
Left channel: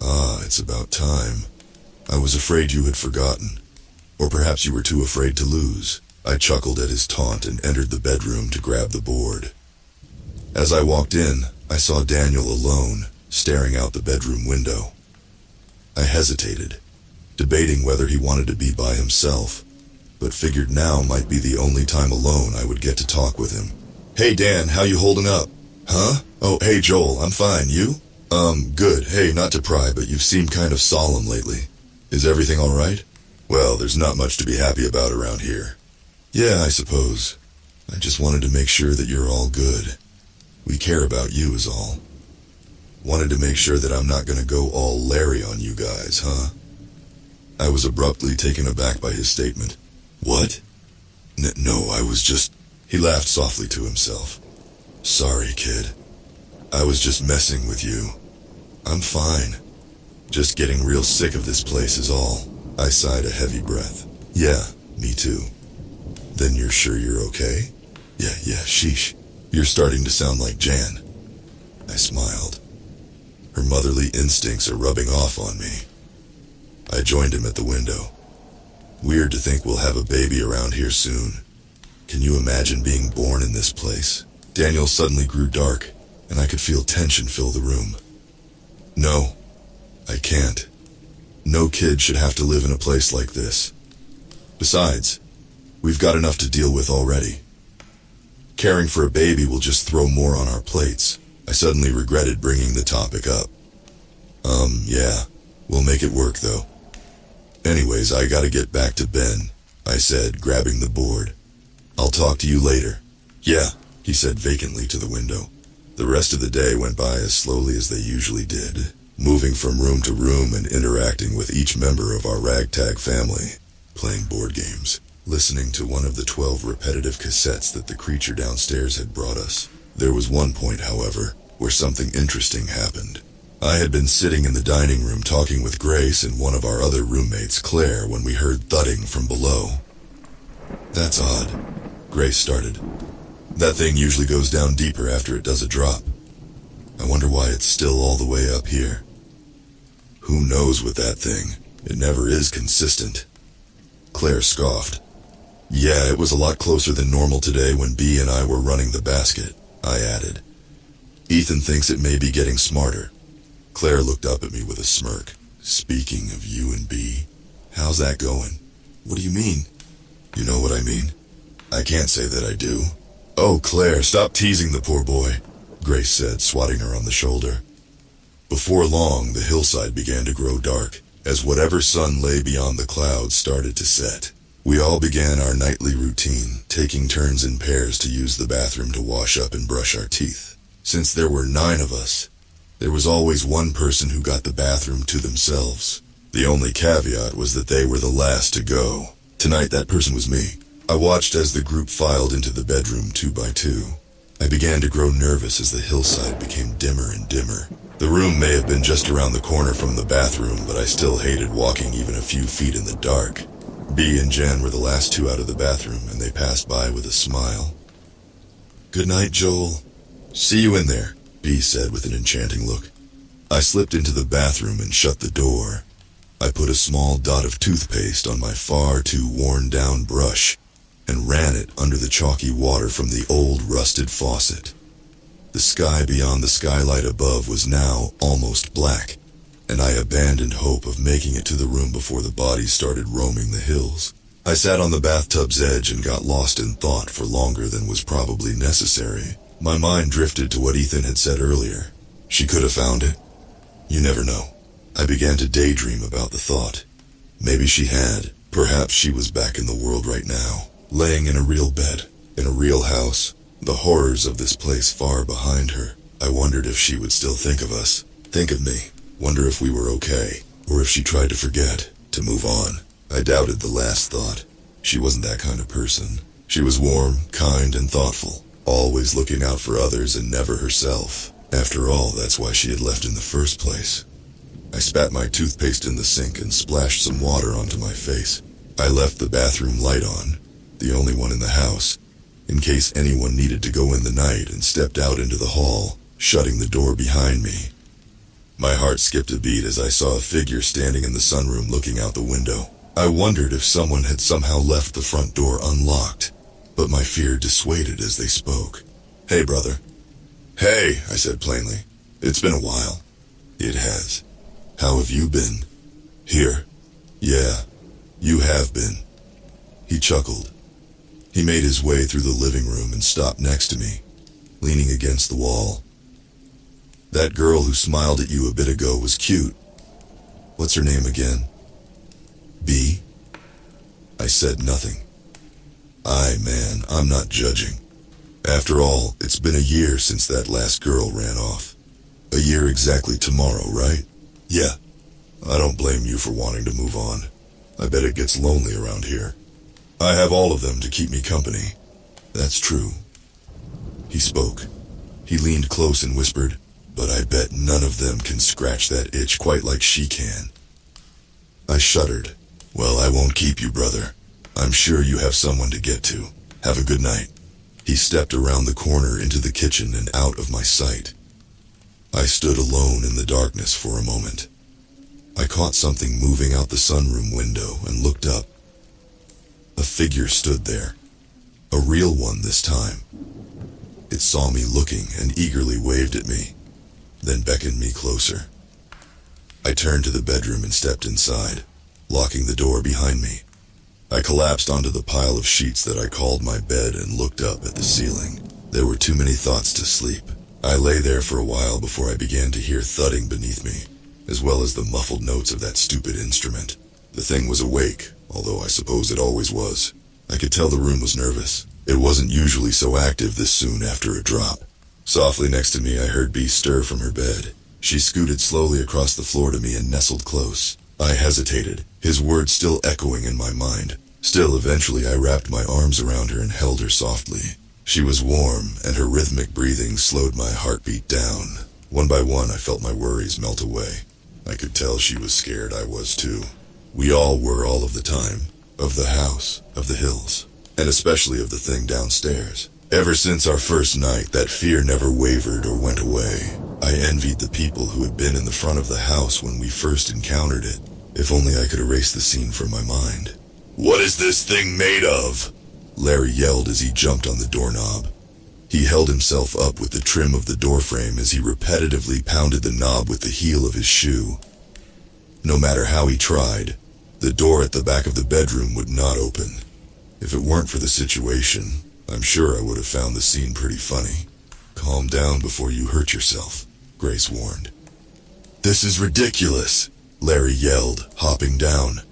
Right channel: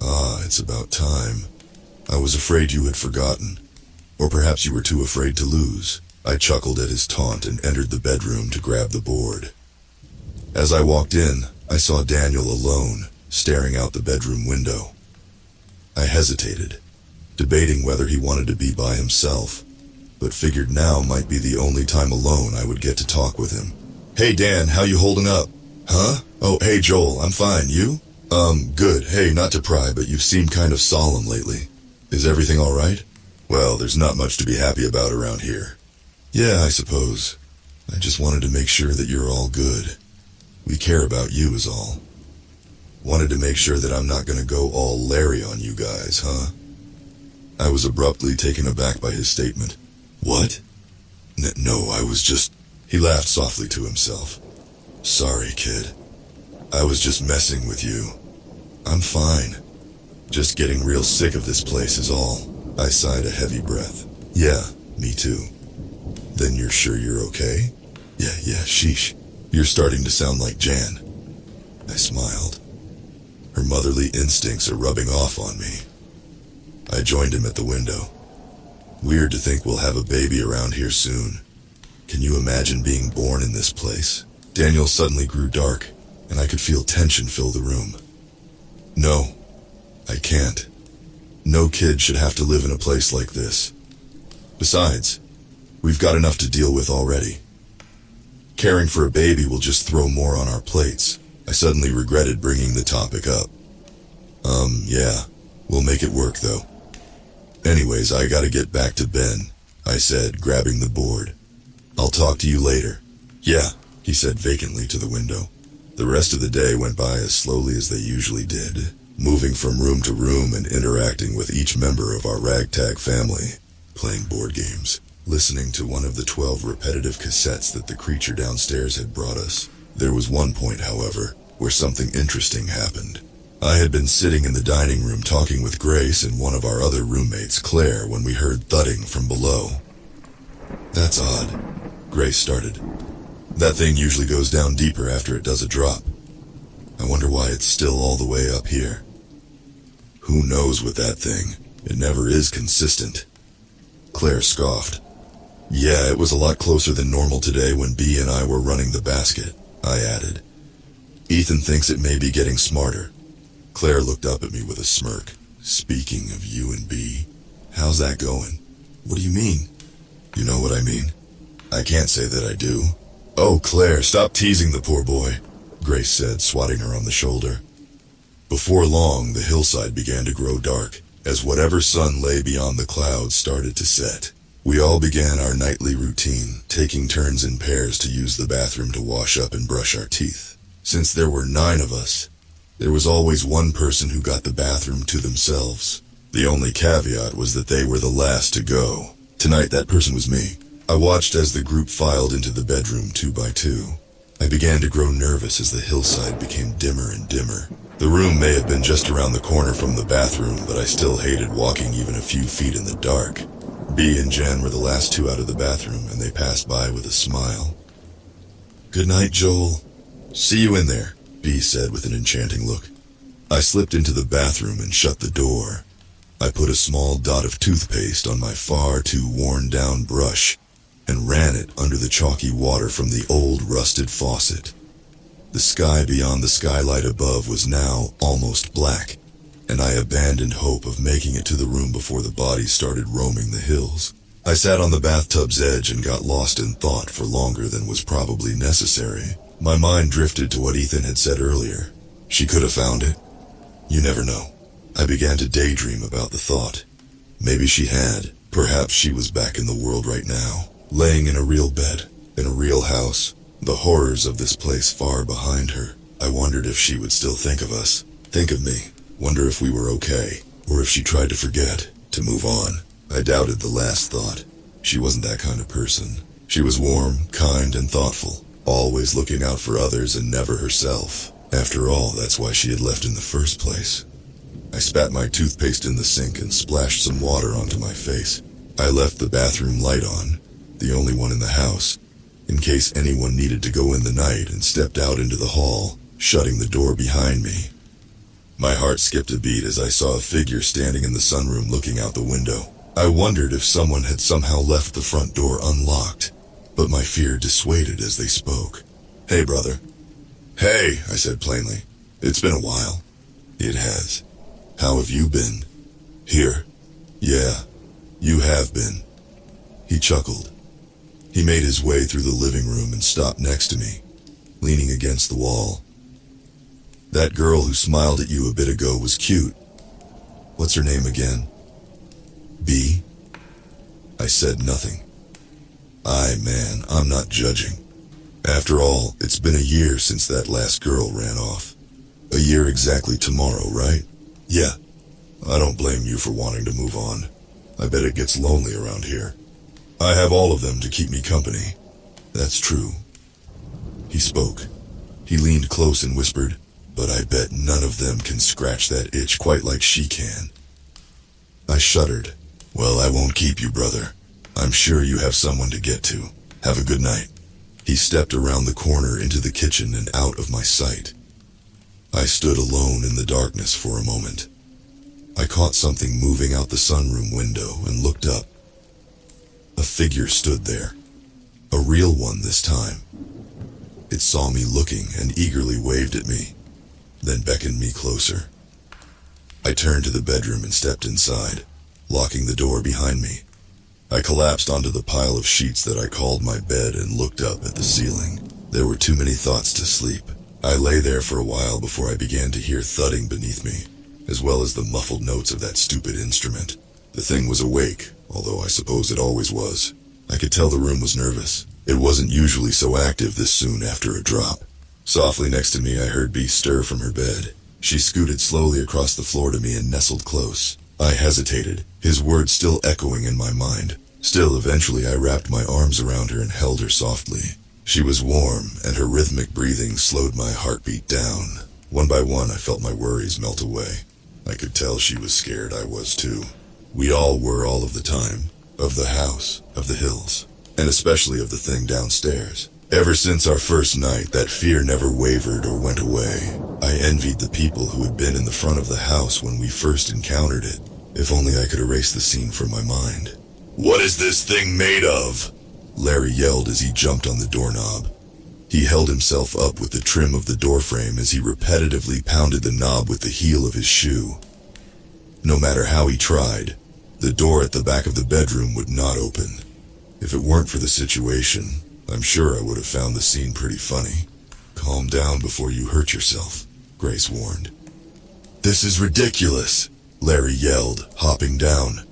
Ah, it's about time. I was afraid you had forgotten. Or perhaps you were too afraid to lose. I chuckled at his taunt and entered the bedroom to grab the board. As I walked in, I saw Daniel alone, staring out the bedroom window. I hesitated, debating whether he wanted to be by himself, but figured now might be the only time alone I would get to talk with him. Hey Dan, how you holding up? Huh? Oh, hey Joel, I'm fine, you? Good. Hey, not to pry, but you've seemed kind of solemn lately. Is everything alright? Well, there's not much to be happy about around here. Yeah, I suppose. I just wanted to make sure that you're all good. We care about you is all. Wanted to make sure that I'm not gonna go all Larry on you guys, huh? I was abruptly taken aback by his statement. What? No, I was just... He laughed softly to himself. Sorry, kid. I was just messing with you. I'm fine. Just getting real sick of this place is all. I sighed a heavy breath. Yeah, me too. Then you're sure you're okay? Yeah, sheesh. You're starting to sound like Jan. I smiled. Her motherly instincts are rubbing off on me. I joined him at the window. Weird to think we'll have a baby around here soon. Can you imagine being born in this place? Daniel suddenly grew dark, and I could feel tension fill the room. No, I can't. No kid should have to live in a place like this. Besides, we've got enough to deal with already. Caring for a baby will just throw more on our plates. I suddenly regretted bringing the topic up. Yeah, we'll make it work though. Anyways, I gotta get back to Ben, I said, grabbing the board. I'll talk to you later. Yeah, he said vacantly to the window. The rest of the day went by as slowly as they usually did, moving from room to room and interacting with each member of our ragtag family, playing board games, listening to one of the 12 repetitive cassettes that the creature downstairs had brought us. There was one point, however, where something interesting happened. I had been sitting in the dining room talking with Grace and one of our other roommates, Claire, when we heard thudding from below. That's odd, Grace started. That thing usually goes down deeper after it does a drop. I wonder why it's still all the way up here. Who knows with that thing? It never is consistent. Claire scoffed. Yeah, it was a lot closer than normal today when B and I were running the basket, I added. Ethan thinks it may be getting smarter. Claire looked up at me with a smirk. Speaking of you and B, how's that going? What do you mean? You know what I mean. I can't say that I do. Oh, Claire, stop teasing the poor boy, Grace said, swatting her on the shoulder. Before long, the hillside began to grow dark, as whatever sun lay beyond the clouds started to set. We all began our nightly routine, taking turns in pairs to use the bathroom to wash up and brush our teeth. Since there were 9 of us, there was always one person who got the bathroom to themselves. The only caveat was that they were the last to go. Tonight, that person was me. I watched as the group filed into the bedroom 2 by 2. I began to grow nervous as the hillside became dimmer and dimmer. The room may have been just around the corner from the bathroom, but I still hated walking even a few feet in the dark. B and Jen were the last 2 out of the bathroom, and they passed by with a smile. Good night, Joel. See you in there, B said with an enchanting look. I slipped into the bathroom and shut the door. I put a small dot of toothpaste on my far too worn-down brush and ran it under the chalky water from the old rusted faucet. The sky beyond the skylight above was now almost black, and I abandoned hope of making it to the room before the bodies started roaming the hills. I sat on the bathtub's edge and got lost in thought for longer than was probably necessary. My mind drifted to what Ethan had said earlier. She could have found it. You never know. I began to daydream about the thought. Maybe she had. Perhaps she was back in the world right now, laying in a real bed, in a real house, the horrors of this place far behind her. I wondered if she would still think of us, think of me, wonder if we were okay, or if she tried to forget, to move on. I doubted the last thought. She wasn't that kind of person. She was warm, kind, and thoughtful, always looking out for others and never herself. After all, that's why she had left in the first place. I spat my toothpaste in the sink and splashed some water onto my face. I left the bathroom light on, the only one in the house, in case anyone needed to go in the night, and stepped out into the hall, shutting the door behind me. My heart skipped a beat as I saw a figure standing in the sunroom looking out the window. I wondered if someone had somehow left the front door unlocked, but my fear dissuaded as they spoke. "Hey, brother." "Hey," I said plainly. "It's been a while." "It has. How have you been?" "Here." "Yeah, you have been." He chuckled. He made his way through the living room and stopped next to me, leaning against the wall. "That girl who smiled at you a bit ago was cute. What's her name again?" "B?" I said nothing. Man, I'm not judging. After all, it's been a year since that last girl ran off. A year exactly tomorrow, right? Yeah. I don't blame you for wanting to move on. I bet it gets lonely around here. I have all of them to keep me company. That's true. He spoke. He leaned close and whispered, "But I bet none of them can scratch that itch quite like she can." I shuddered. "Well, I won't keep you, brother. I'm sure you have someone to get to. Have a good night." He stepped around the corner into the kitchen and out of my sight. I stood alone in the darkness for a moment. I caught something moving out the sunroom window and looked up. A figure stood there. A real one this time. It saw me looking and eagerly waved at me, then beckoned me closer. I turned to the bedroom and stepped inside, locking the door behind me. I collapsed onto the pile of sheets that I called my bed and looked up at the ceiling. There were too many thoughts to sleep. I lay there for a while before I began to hear thudding beneath me, as well as the muffled notes of that stupid instrument. The thing was awake, although I suppose it always was. I could tell the room was nervous. It wasn't usually so active this soon after a drop. Softly next to me I heard B stir from her bed. She scooted slowly across the floor to me and nestled close. I hesitated, his words still echoing in my mind. Still, eventually I wrapped my arms around her and held her softly. She was warm, and her rhythmic breathing slowed my heartbeat down. One by one I felt my worries melt away. I could tell she was scared. I was too. We all were all of the time. Of the house, of the hills, and especially of the thing downstairs. Ever since our first night, that fear never wavered or went away. I envied the people who had been in the front of the house when we first encountered it. If only I could erase the scene from my mind. "What is this thing made of?" Larry yelled as he jumped on the doorknob. He held himself up with the trim of the doorframe as he repetitively pounded the knob with the heel of his shoe. No matter how he tried, the door at the back of the bedroom would not open. If it weren't for the situation, I'm sure I would have found the scene pretty funny. "Calm down before you hurt yourself," Grace warned. "This is ridiculous," Larry yelled, hopping down.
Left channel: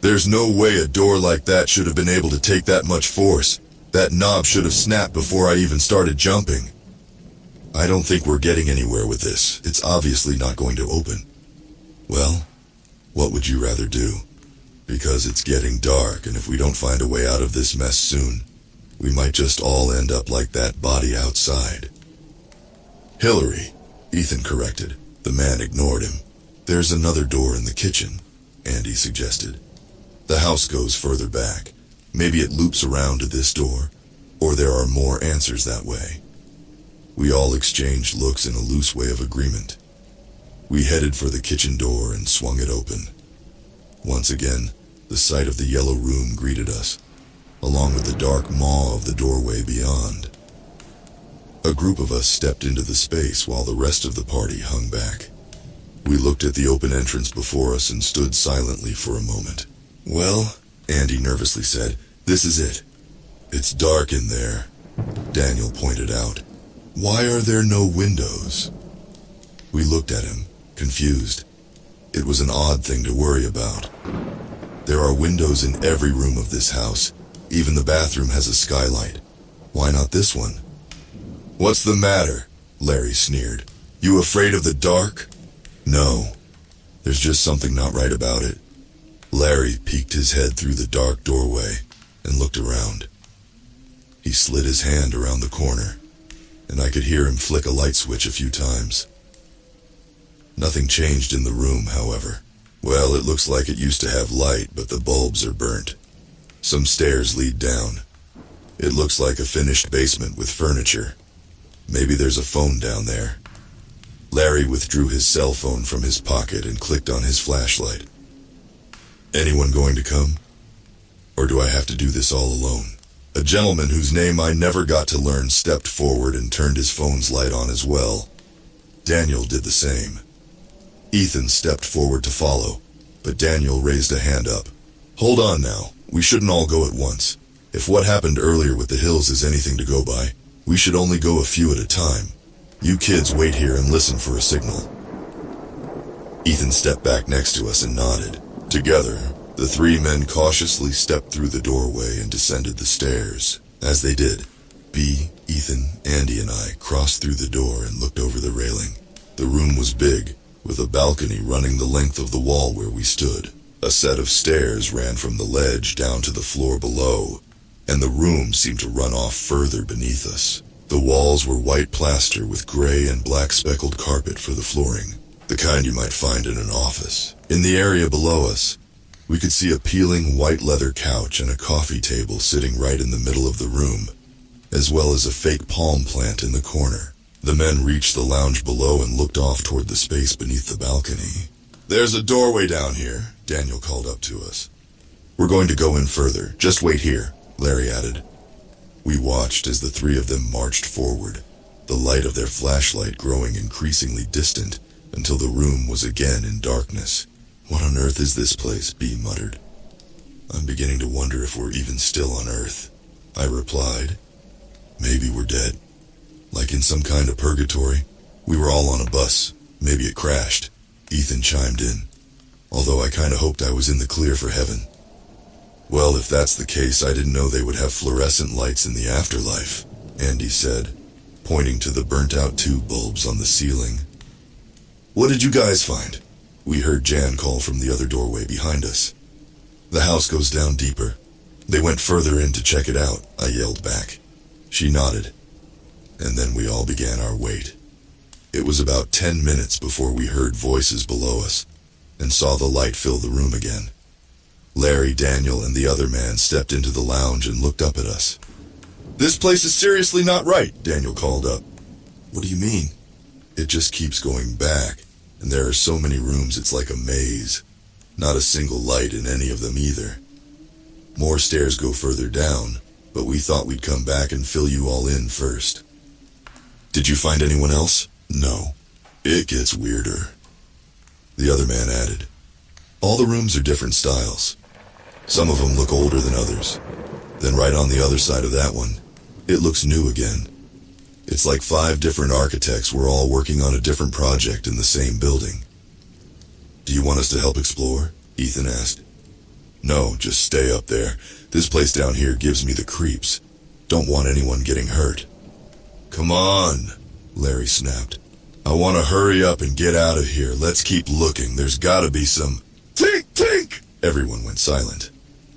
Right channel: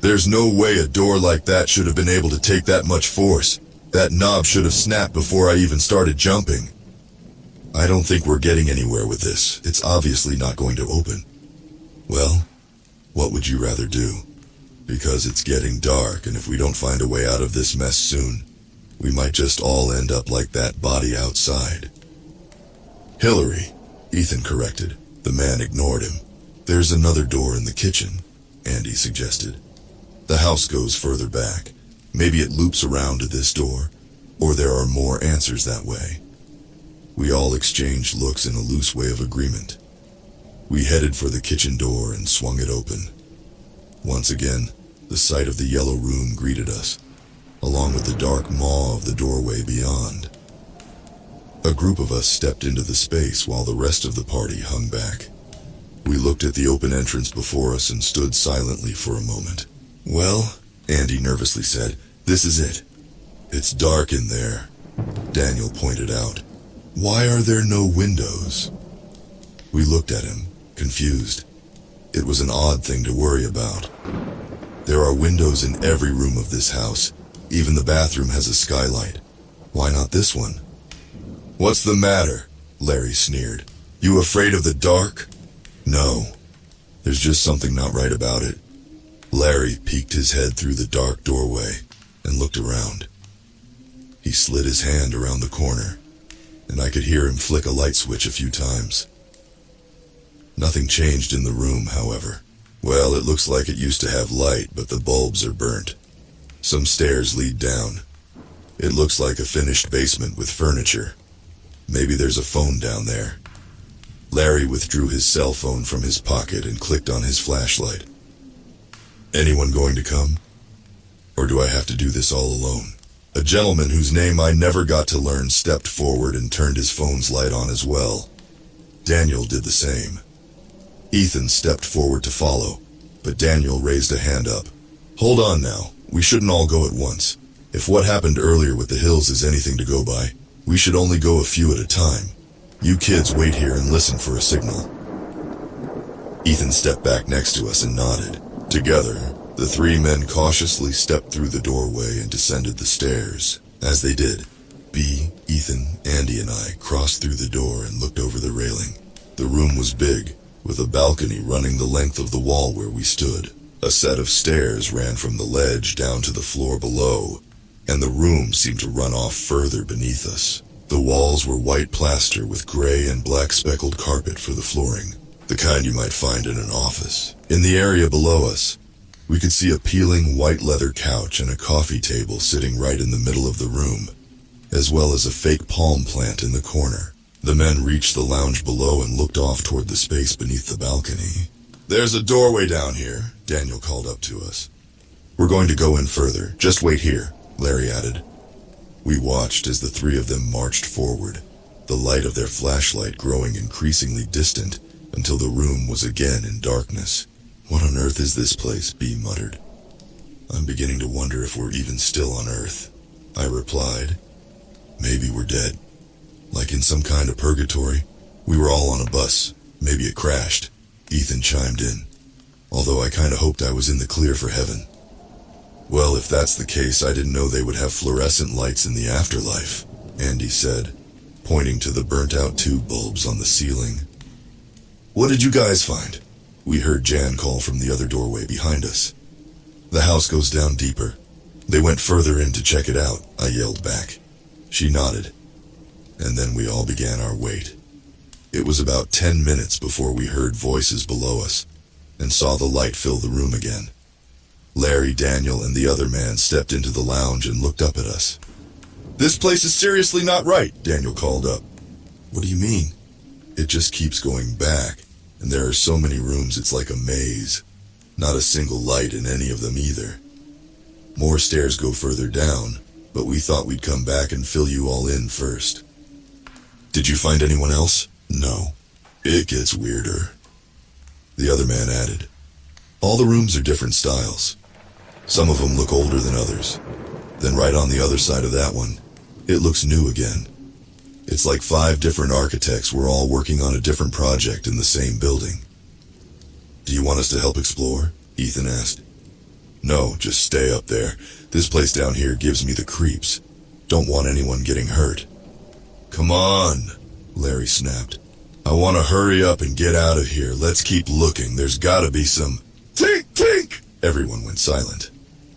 "There's no way a door like that should have been able to take that much force. That knob should have snapped before I even started jumping. I don't think we're getting anywhere with this. It's obviously not going to open." "Well, what would you rather do? Because it's getting dark, and if we don't find a way out of this mess soon, we might just all end up like that body outside." "Hillary," Ethan corrected. The man ignored him. "There's another door in the kitchen," Andy suggested. "The house goes further back. Maybe it loops around to this door, or there are more answers that way." We all exchanged looks in a loose way of agreement. We headed for the kitchen door and swung it open. Once again, the sight of the yellow room greeted us, along with the dark maw of the doorway beyond. A group of us stepped into the space while the rest of the party hung back. We looked at the open entrance before us and stood silently for a moment. "Well," Andy nervously said. "This is it." "It's dark in there," Daniel pointed out. "Why are there no windows?" We looked at him, confused. It was an odd thing to worry about. There are windows in every room of this house. Even the bathroom has a skylight. Why not this one? "What's the matter?" Larry sneered. "You afraid of the dark?" "No. There's just something not right about it." Larry peeked his head through the dark doorway and looked around. He slid his hand around the corner, and I could hear him flick a light switch a few times. Nothing changed in the room, however. "Well, it looks like it used to have light, but the bulbs are burnt. Some stairs lead down. It looks like a finished basement with furniture. Maybe there's a phone down there." Larry withdrew his cell phone from his pocket and clicked on his flashlight. "Anyone going to come? Or do I have to do this all alone?" A gentleman whose name I never got to learn stepped forward and turned his phone's light on as well. Daniel did the same. Ethan stepped forward to follow, but Daniel raised a hand up. "Hold on now, we shouldn't all go at once. If what happened earlier with the hills is anything to go by, we should only go a few at a time. You kids wait here and listen for a signal." Ethan stepped back next to us and nodded. Together, the three men cautiously stepped through the doorway and descended the stairs. As they did, B, Ethan, Andy, and I crossed through the door and looked over the railing. The room was big, with a balcony running the length of the wall where we stood. A set of stairs ran from the ledge down to the floor below, and the room seemed to run off further beneath us. The walls were white plaster with gray and black speckled carpet for the flooring, the kind you might find in an office. In the area below us, we could see a peeling white leather couch and a coffee table sitting right in the middle of the room, as well as a fake palm plant in the corner. The men reached the lounge below and looked off toward the space beneath the balcony. "There's a doorway down here," Daniel called up to us. "We're going to go in further. Just wait here," Larry added. We watched as the three of them marched forward, the light of their flashlight growing increasingly distant until the room was again in darkness. "What on earth is this place?" B muttered. "I'm beginning to wonder if we're even still on Earth," I replied. "Maybe we're dead. Like in some kind of purgatory. We were all on a bus. Maybe it crashed," Ethan chimed in, although I kinda hoped I was in the clear for heaven. "Well, if that's the case, I didn't know they would have fluorescent lights in the afterlife," Andy said, pointing to the burnt-out tube bulbs on the ceiling. "What did you guys find?" We heard Jan call from the other doorway behind us. "The house goes down deeper. They went further in to check it out," I yelled back. She nodded, and then we all began our wait. It was about 10 minutes before we heard voices below us and saw the light fill the room again. Larry, Daniel, and the other man stepped into the lounge and looked up at us. "This place is seriously not right," Daniel called up. "What do you mean?" "It just keeps going back, and there are so many rooms it's like a maze. Not a single light in any of them either. More stairs go further down, but we thought we'd come back and fill you all in first." "Did you find anyone else?" "No. It gets weirder," the other man added. "All the rooms are different styles. Some of them look older than others. Then right on the other side of that one, it looks new again. It's like 5 different architects were all working on a different project in the same building." "Do you want us to help explore?" Ethan asked. "No, just stay up there. This place down here gives me the creeps. Don't want anyone getting hurt." "Come on," Larry snapped. "I want to hurry up and get out of here. Let's keep looking. There's gotta be some..." "Tink, tink!" Everyone went silent.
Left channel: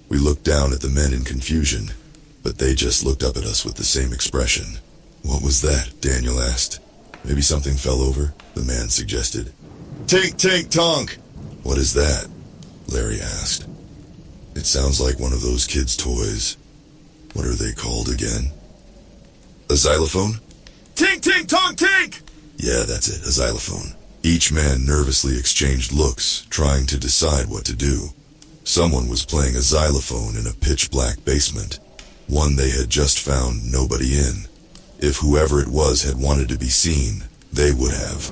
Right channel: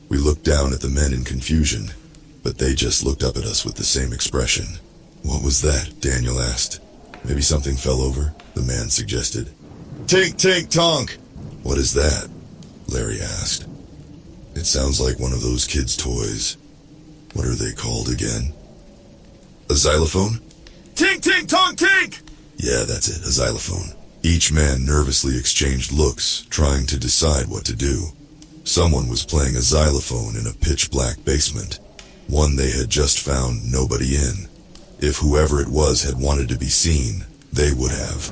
We looked down at the men in confusion, but they just looked up at us with the same expression. "What was that?" Daniel asked. "Maybe something fell over," the man suggested. "Tink, tink, tonk!" "What is that?" Larry asked. "It sounds like one of those kids' toys. What are they called again?" "A xylophone?" "Tink, tink, tonk, tink!" "Yeah, that's it, a xylophone." Each man nervously exchanged looks, trying to decide what to do. Someone was playing a xylophone in a pitch-black basement, one they had just found nobody in. If whoever it was had wanted to be seen, they would have.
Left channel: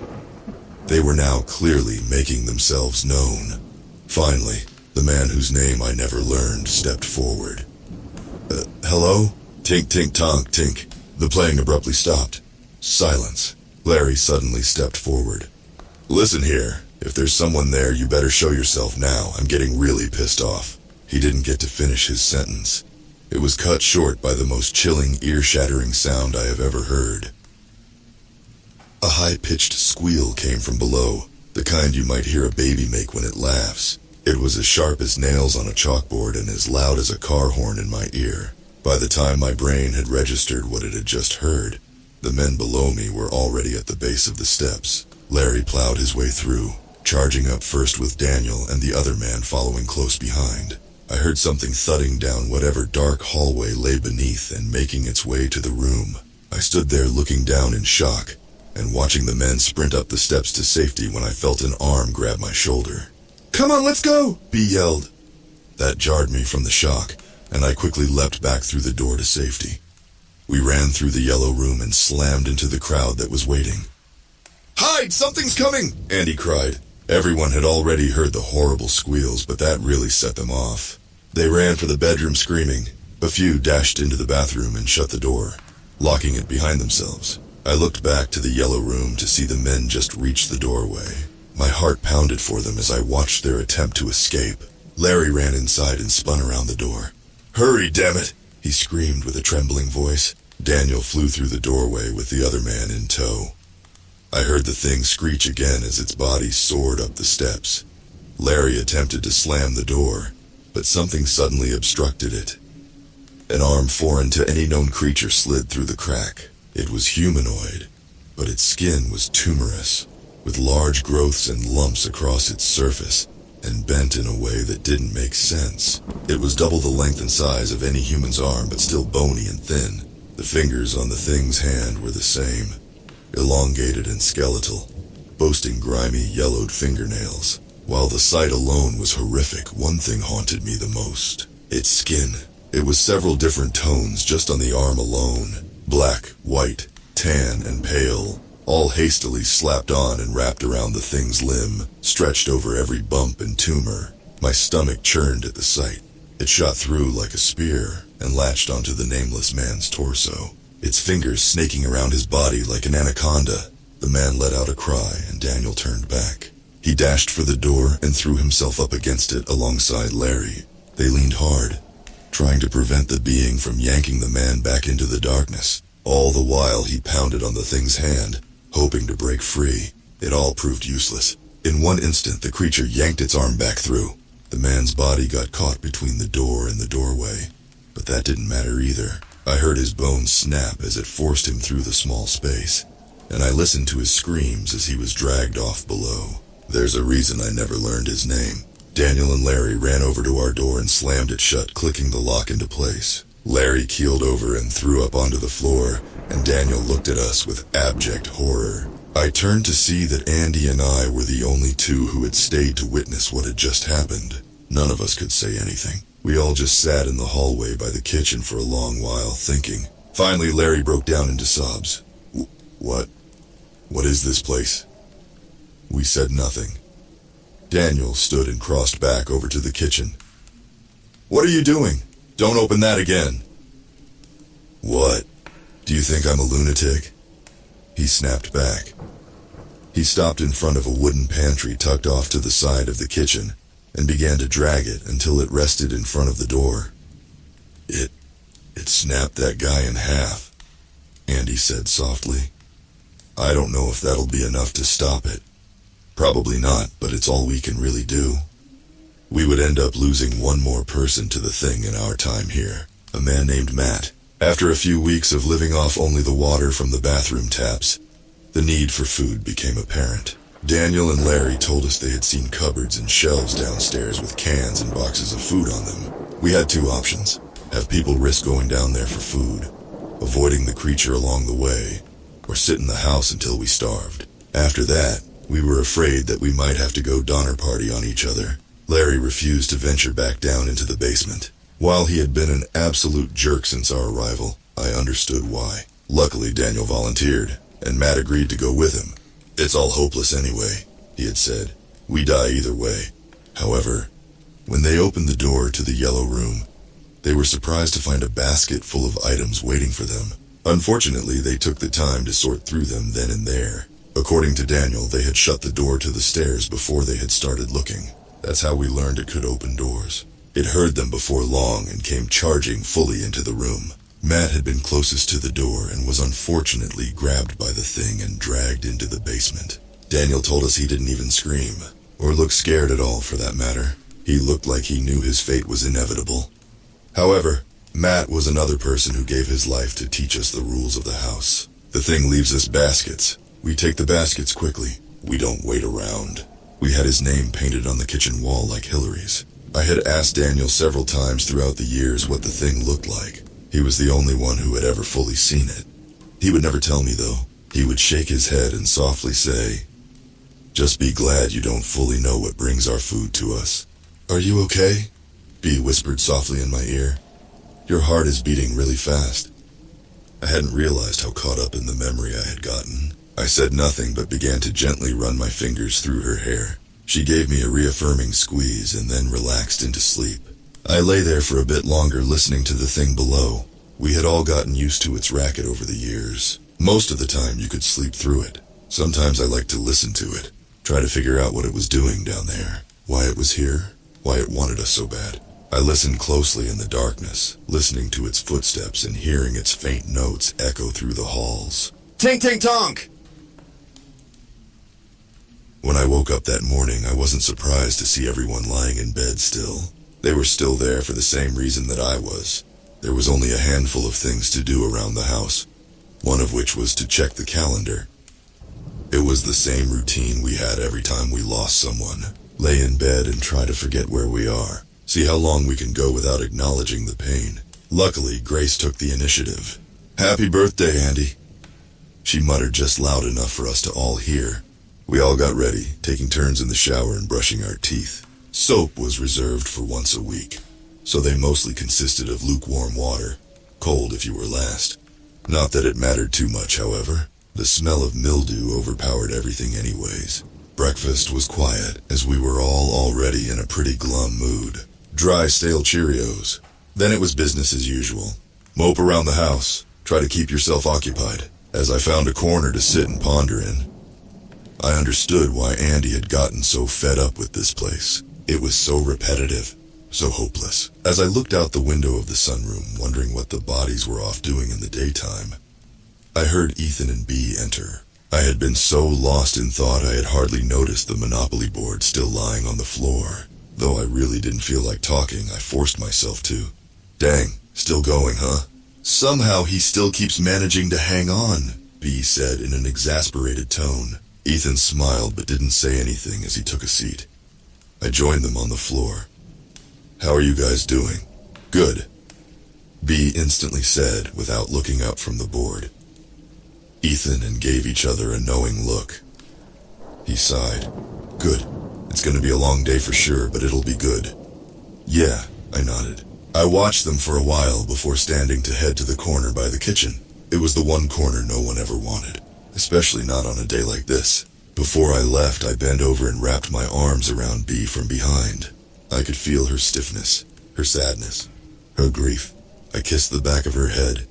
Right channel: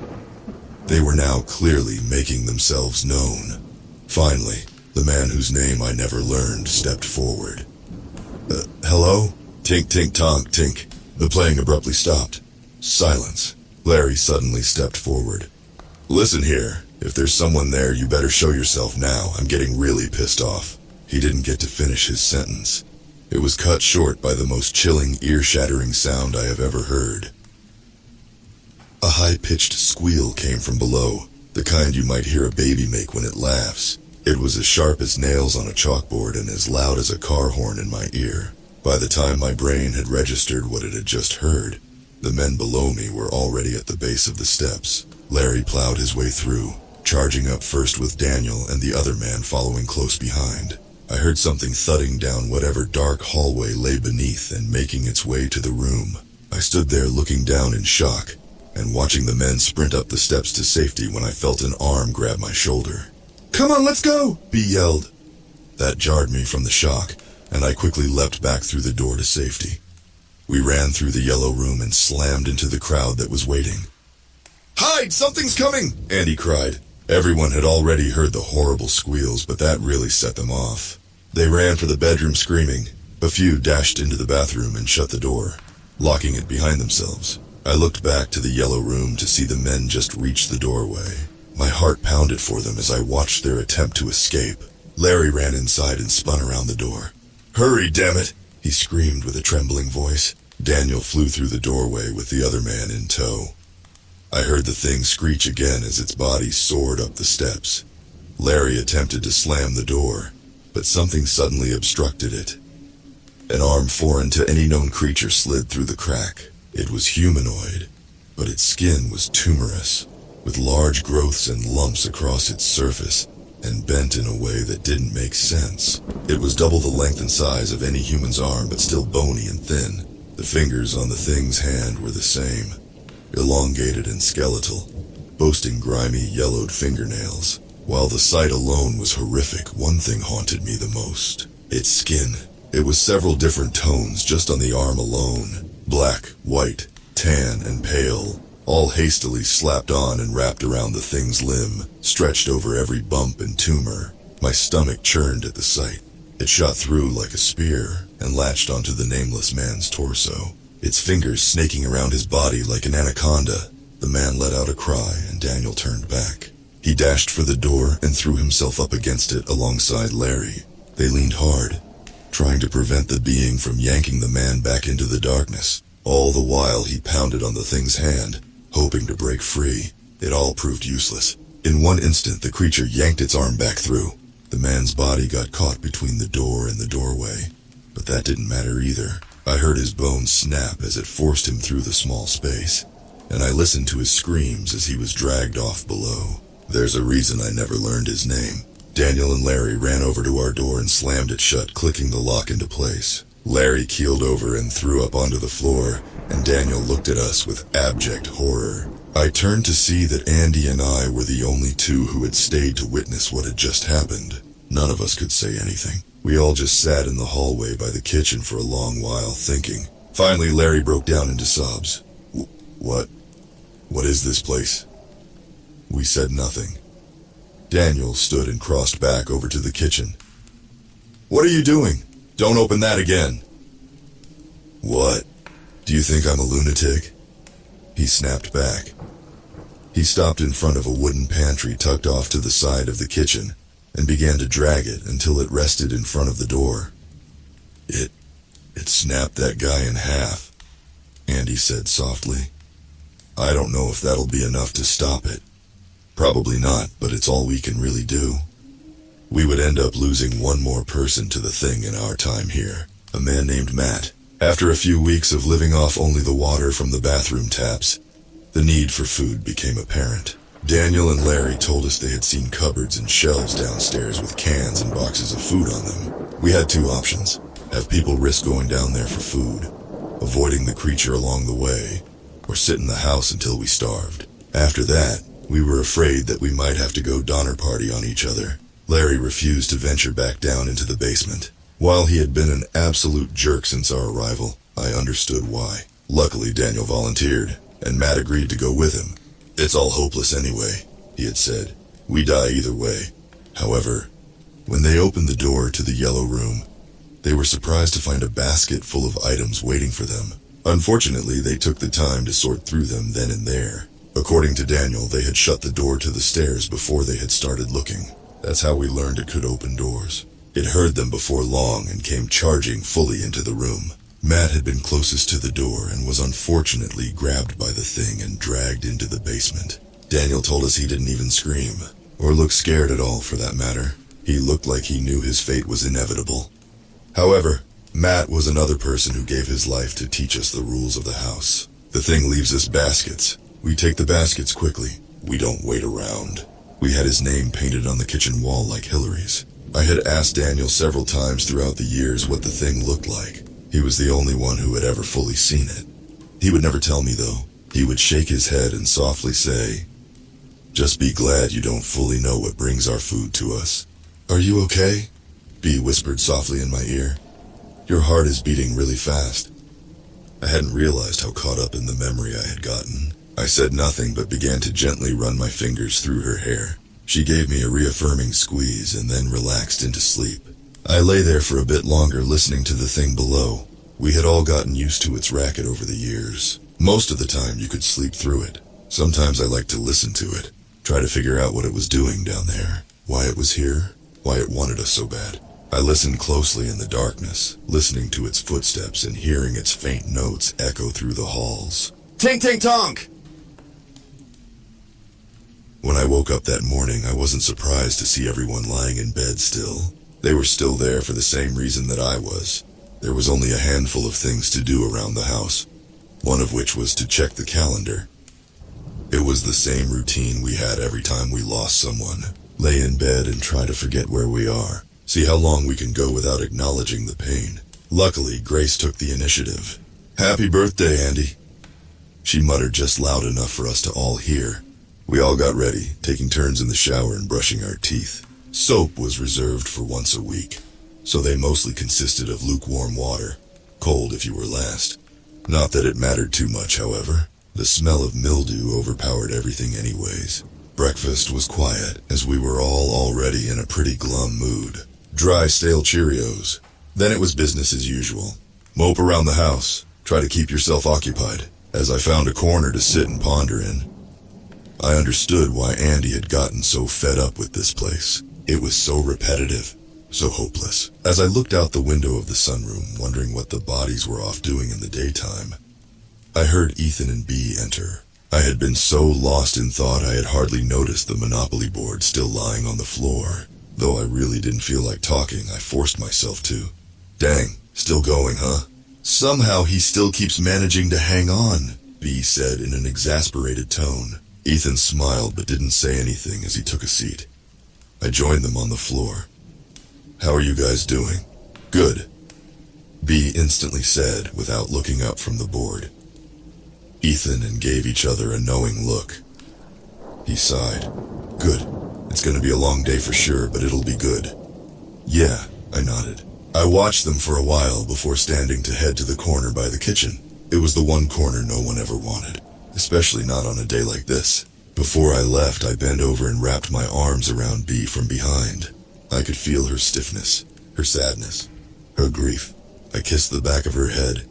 They were now clearly making themselves known. Finally, The man whose name I never learned stepped forward. Hello? Tink, tink, tonk, tink. The playing abruptly stopped. Silence. Larry suddenly stepped forward. Listen here, if there's someone there, you better show yourself now. I'm getting really pissed off. He didn't get to finish his sentence. It was cut short by the most chilling, ear-shattering sound I have ever heard. A high-pitched squeal came from below, the kind you might hear a baby make when it laughs. It was as sharp as nails on a chalkboard and as loud as a car horn in my ear. By the time my brain had registered what it had just heard, the men below me were already at the base of the steps. Larry plowed his way through, charging up first with Daniel and the other man following close behind. I heard something thudding down whatever dark hallway lay beneath and making its way to the room. I stood there looking down in shock and watching the men sprint up the steps to safety when I felt an arm grab my shoulder. "Come on, let's go!" B yelled. That jarred me from the shock, and I quickly leapt back through the door to safety. We ran through the yellow room and slammed into the crowd that was waiting. "Hide! Something's coming!" Andy cried. Everyone had already heard the horrible squeals, but that really set them off. They ran for the bedroom screaming. A few dashed into the bathroom and shut the door, locking it behind themselves. I looked back to the yellow room to see the men just reach the doorway. My heart pounded for them as I watched their attempt to escape. Larry ran inside and spun around the door. "Hurry, damn it!" he screamed with a trembling voice. Daniel flew through the doorway with the other man in tow. I heard the thing screech again as its body soared up the steps. Larry attempted to slam the door, but something suddenly obstructed it. An arm foreign to any known creature slid through the crack. It was humanoid, but its skin was tumorous, with large growths and lumps across its surface, and bent in a way that didn't make sense. It was double the length and size of any human's arm, but still bony and thin. The fingers on the thing's hand were the same, elongated and skeletal, boasting grimy, yellowed fingernails. While the sight alone was horrific, one thing haunted me the most. Its skin. It was several different tones just on the arm alone. Black, white, tan, and pale, all hastily slapped on and wrapped around the thing's limb, stretched over every bump and tumor. My stomach churned at the sight. It shot through like a spear and latched onto the nameless man's torso, its fingers snaking around his body like an anaconda. The man let out a cry and Daniel turned back. He dashed for the door and threw himself up against it alongside Larry. They leaned hard, trying to prevent the being from yanking the man back into the darkness. All the while he pounded on the thing's hand, hoping to break free. It all proved useless. In one instant, the creature yanked its arm back through. The man's body got caught between the door and the doorway, but that didn't matter either. I heard his bones snap as it forced him through the small space, and I listened to his screams as he was dragged off below. There's a reason I never learned his name. Daniel and Larry ran over to our door and slammed it shut, clicking the lock into place. Larry keeled over and threw up onto the floor, and Daniel looked at us with abject horror. I turned to see that Andy and I were the only two who had stayed to witness what had just happened. None of us could say anything. We all just sat in the hallway by the kitchen for a long while, thinking. Finally, Larry broke down into sobs. What? What is this place?" We said nothing. Daniel stood and crossed back over to the kitchen. "What are you doing? Don't open that again." "What? Do you think I'm a lunatic?" He snapped back. He stopped in front of a wooden pantry tucked off to the side of the kitchen and began to drag it until it rested in front of the door. It snapped that guy in half," Andy said softly. "I don't know if that'll be enough to stop it. Probably not, but it's all we can really do. We would end up losing one more person to the thing in our time here, a man named Matt. After a few weeks of living off only the water from the bathroom taps, the need for food became apparent. Daniel and Larry told us they had seen cupboards and shelves downstairs with cans and boxes of food on them. We had two options: have people risk going down there for food, avoiding the creature along the way, or sit in the house until we starved. After that, we were afraid that we might have to go Donner Party on each other. Larry refused to venture back down into the basement. While he had been an absolute jerk since our arrival, I understood why. Luckily, Daniel volunteered, and Matt agreed to go with him. "It's all hopeless anyway," he had said. "We die either way. However, When they opened the door to the yellow room, they were surprised to find a basket full of items waiting for them. Unfortunately, they took the time to sort through them then and there. According to Daniel, they had shut the door to the stairs before they had started looking. That's how we learned it could open doors. It heard them before long and came charging fully into the room. Matt had been closest to the door and was unfortunately grabbed by the thing and dragged into the basement. Daniel told us he didn't even scream, or look scared at all for that matter. He looked like he knew his fate was inevitable. However, Matt was another person who gave his life to teach us the rules of the house. The thing leaves us baskets. We take the baskets quickly. We don't wait around. We had his name painted on the kitchen wall like Hillary's. I had asked Daniel several times throughout the years what the thing looked like. He was the only one who had ever fully seen it. He would never tell me though. He would shake his head and softly say, "Just be glad you don't fully know what brings our food to us." "Are you okay?" B whispered softly in my ear. "Your heart is beating really fast." I hadn't realized how caught up in the memory I had gotten. I said nothing but began to gently run my fingers through her hair. She gave me a reaffirming squeeze and then relaxed into sleep. I lay there for a bit longer listening to the thing below. We had all gotten used to its racket over the years. Most of the time you could sleep through it. Sometimes I liked to listen to it, try to figure out what it was doing down there, why it was here, why it wanted us so bad. I listened closely in the darkness, listening to its footsteps and hearing its faint notes echo through the halls. Tink, tink, tonk! When I woke up that morning, I wasn't surprised to see everyone lying in bed still. They were still there for the same reason that I was. There was only a handful of things to do around the house, one of which was to check the calendar. It was the same routine we had every time we lost someone. Lay in bed and try to forget where we are. See how long we can go without acknowledging the pain. Luckily, Grace took the initiative. "Happy birthday, Andy," she muttered just loud enough for us to all hear. We all got ready, taking turns in the shower and brushing our teeth. Soap was reserved for once a week, so they mostly consisted of lukewarm water, cold if you were last. Not that it mattered too much, however. The smell of mildew overpowered everything anyways. Breakfast was quiet, as we were all already in a pretty glum mood. Dry, stale Cheerios. Then it was business as usual. Mope around the house. Try to keep yourself occupied, as I found a corner to sit and ponder in. I understood why Andy had gotten so fed up with this place. It was so repetitive, so hopeless. As I looked out the window of the sunroom, wondering what the bodies were off doing in the daytime, I heard Ethan and B enter. I had been so lost in thought I had hardly noticed the Monopoly board still lying on the floor. Though I really didn't feel like talking, I forced myself to. "Dang, still going, huh?" "Somehow he still keeps managing to hang on," B said in an exasperated tone. Ethan smiled but didn't say anything as he took a seat. I joined them on the floor. "How are you guys doing?" "Good," B instantly said without looking up from the board. Ethan and gave each other a knowing look. He sighed. "Good. It's gonna be a long day for sure, but it'll be good." "Yeah," I nodded. I watched them for a while before standing to head to the corner by the kitchen. It was the one corner no one ever wanted, especially not on a day like this. Before I left, I bent over and wrapped my arms around B from behind. I could feel her stiffness, her sadness, her grief. I kissed the back of her head,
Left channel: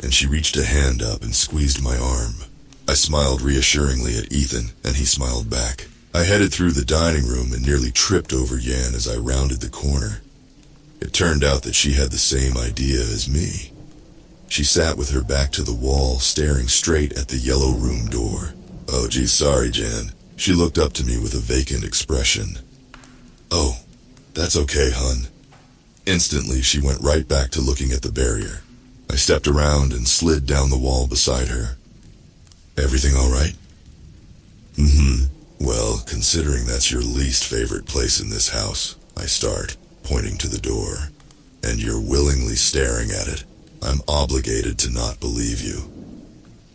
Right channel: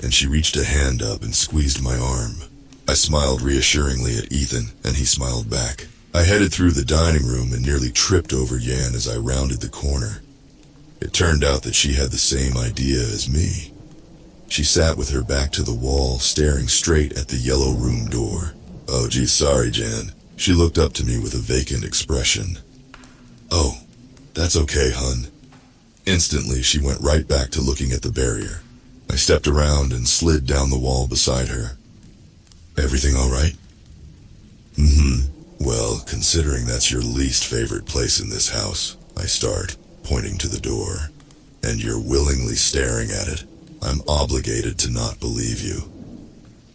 and she reached a hand up and squeezed my arm. I smiled reassuringly at Ethan, and he smiled back. I headed through the dining room and nearly tripped over Yan as I rounded the corner. It turned out that she had the same idea as me. She sat with her back to the wall, staring straight at the yellow room door. "Oh, geez, sorry, Jan." She looked up to me with a vacant expression. "Oh, that's okay, hun." Instantly, she went right back to looking at the barrier. I stepped around and slid down the wall beside her. "Everything all right?" "Mm-hmm. Well, considering that's your least favorite place in this house," I start, pointing to the door, "and you're willingly staring at it, I'm obligated to not believe you."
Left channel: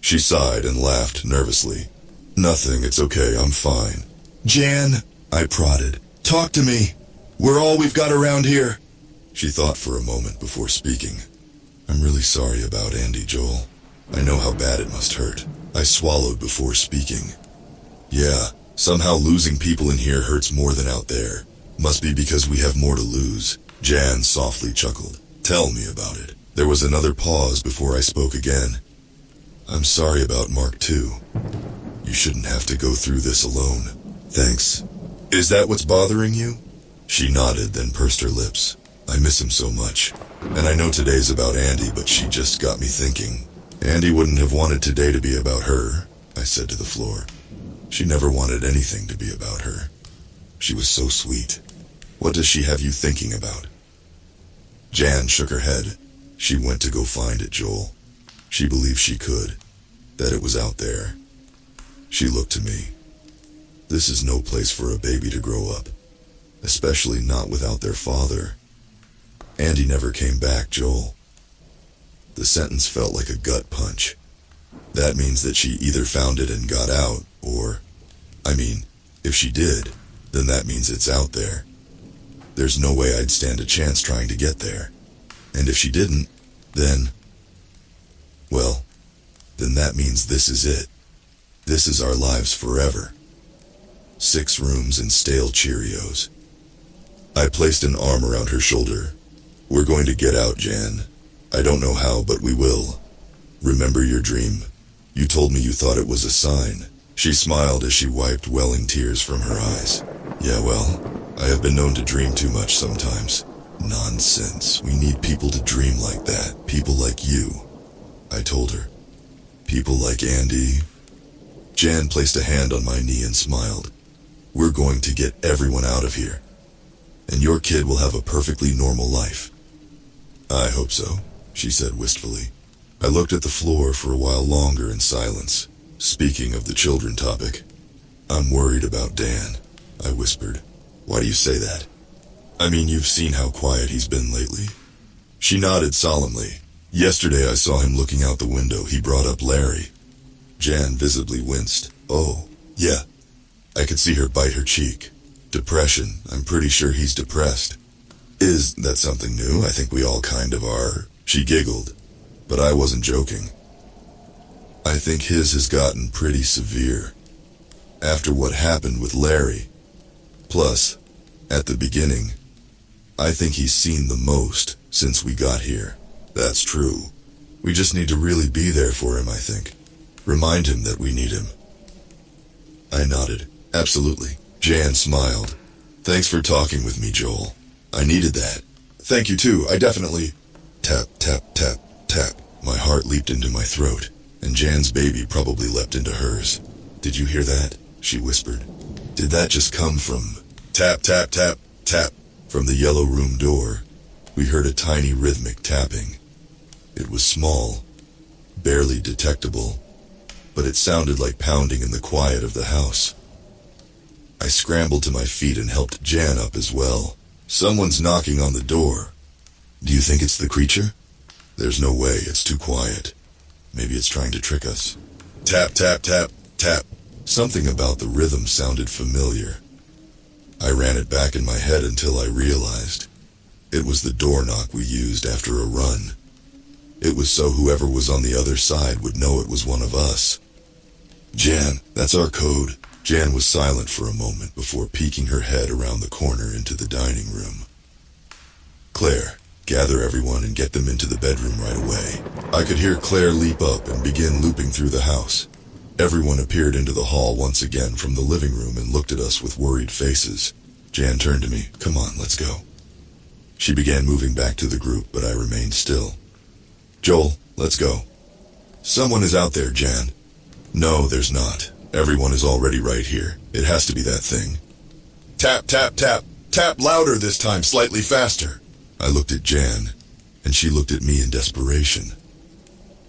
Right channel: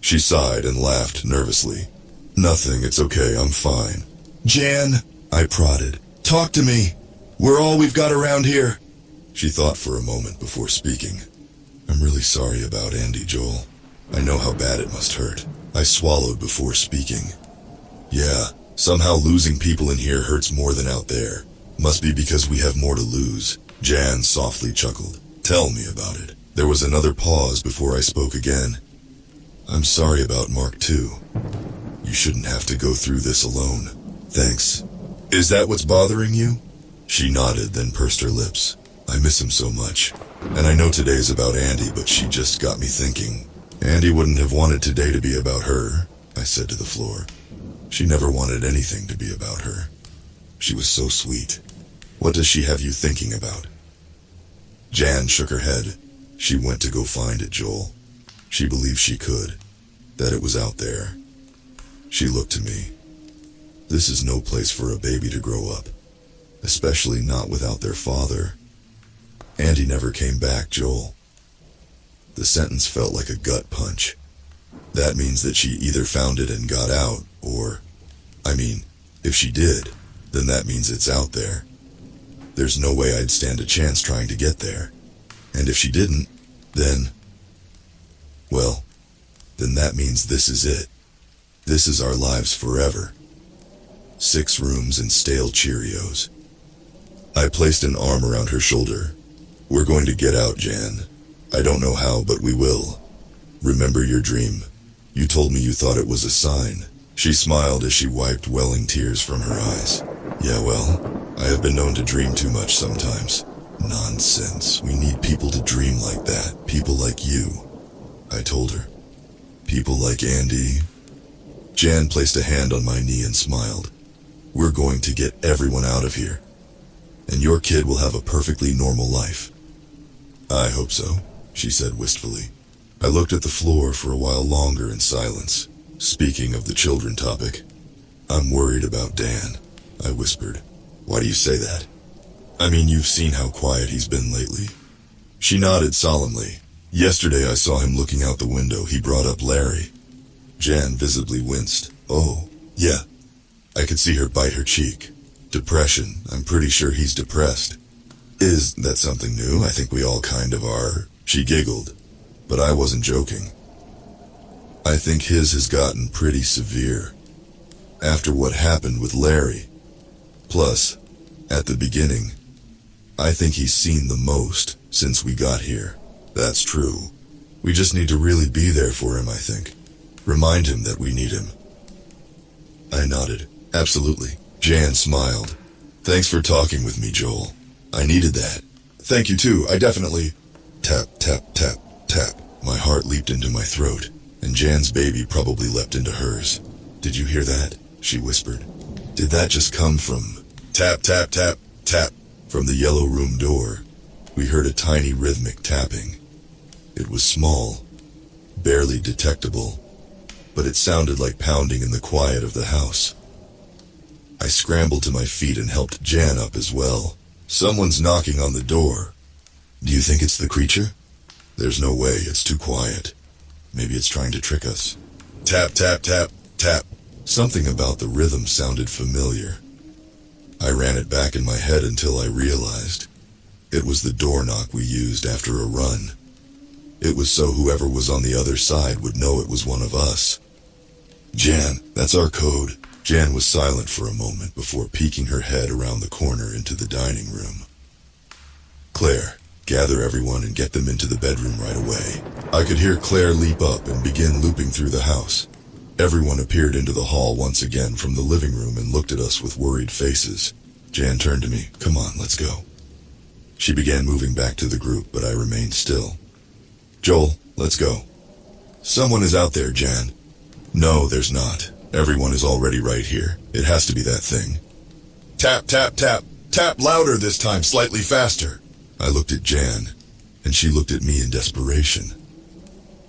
She sighed and laughed nervously. "Nothing, it's okay, I'm fine." "Jan," I prodded, "talk to me. We're all we've got around here." She thought for a moment before speaking. "I'm really sorry about Andy, Joel. I know how bad it must hurt." I swallowed before speaking. "Yeah, somehow losing people in here hurts more than out there. Must be because we have more to lose. Jan softly chuckled. Tell me about it. There was another pause before I spoke again. I'm sorry about Mark too. You shouldn't have to go through this alone. Thanks. Is that what's bothering you? She nodded, then pursed her lips. I miss him so much. And I know today's about Andy, but she just got me thinking. Andy wouldn't have wanted today to be about her, I said to the floor. She never wanted anything to be about her. She was so sweet. What does she have you thinking about? Jan shook her head. She went to go find it, Joel. She believed she could, that it was out there. She looked to me. This is no place for a baby to grow up, especially not without their father. Andy never came back, Joel. The sentence felt like a gut punch. That means that she either found it and got out, or, if she did, then that means it's out there. There's no way I'd stand a chance trying to get there. And if she didn't, then that means this is it. This is our lives forever. 6 rooms and stale Cheerios. I placed an arm around her shoulder. We're going to get out, Jan. I don't know how, but we will. Remember your dream. You told me you thought it was a sign. She smiled as she wiped welling tears from her eyes. Yeah, well, I have been known to dream too much sometimes. Nonsense. We need people to dream like that. People like you. I told her. People like Andy. Jan placed a hand on my knee and smiled. We're going to get everyone out of here. And your kid will have a perfectly normal life. I hope so, she said wistfully. I looked at the floor for a while longer in silence. Speaking of the children topic, I'm worried about Dan, I whispered. Why do you say that? You've seen how quiet he's been lately. She nodded solemnly. Yesterday I saw him looking out the window. He brought up Larry. Jan visibly winced. Oh, yeah. I could see her bite her cheek. Depression. I'm pretty sure he's depressed. Is that something new? I think we all kind of are. She giggled, but I wasn't joking. I think his has gotten pretty severe. After what happened with Larry. Plus, at the beginning, I think he's seen the most since we got here. That's true. We just need to really be there for him, I think. Remind him that we need him. I nodded. Absolutely. Jan smiled. Thanks for talking with me, Joel. I needed that. Thank you too. I definitely... Tap, tap, tap, tap. My heart leaped into my throat, and Jan's baby probably leapt into hers. Did you hear that? She whispered. Did that just come from... Tap, tap, tap, tap. From the yellow room door, we heard a tiny rhythmic tapping. It was small, barely detectable, but it sounded like pounding in the quiet of the house. I scrambled to my feet and helped Jan up as well. Someone's knocking on the door. Do you think it's the creature? There's no way, it's too quiet. Maybe it's trying to trick us. Tap, tap, tap, tap. Something about the rhythm sounded familiar. I ran it back in my head until I realized it was the door knock we used after a run. It was so whoever was on the other side would know it was one of us. Jan, that's our code. Jan was silent for a moment before peeking her head around the corner into the dining room. Claire, gather everyone and get them into the bedroom right away. I could hear Claire leap up and begin looping through the house. Everyone appeared into the hall once again from the living room and looked at us with worried faces. Jan turned to me. Come on, let's go. She began moving back to the group, but I remained still. Joel, let's go. Someone is out there, Jan. No, there's not. Everyone is already right here. It has to be that thing. Tap, tap, tap. Tap louder this time, slightly faster. I looked at Jan, and she looked at me in desperation.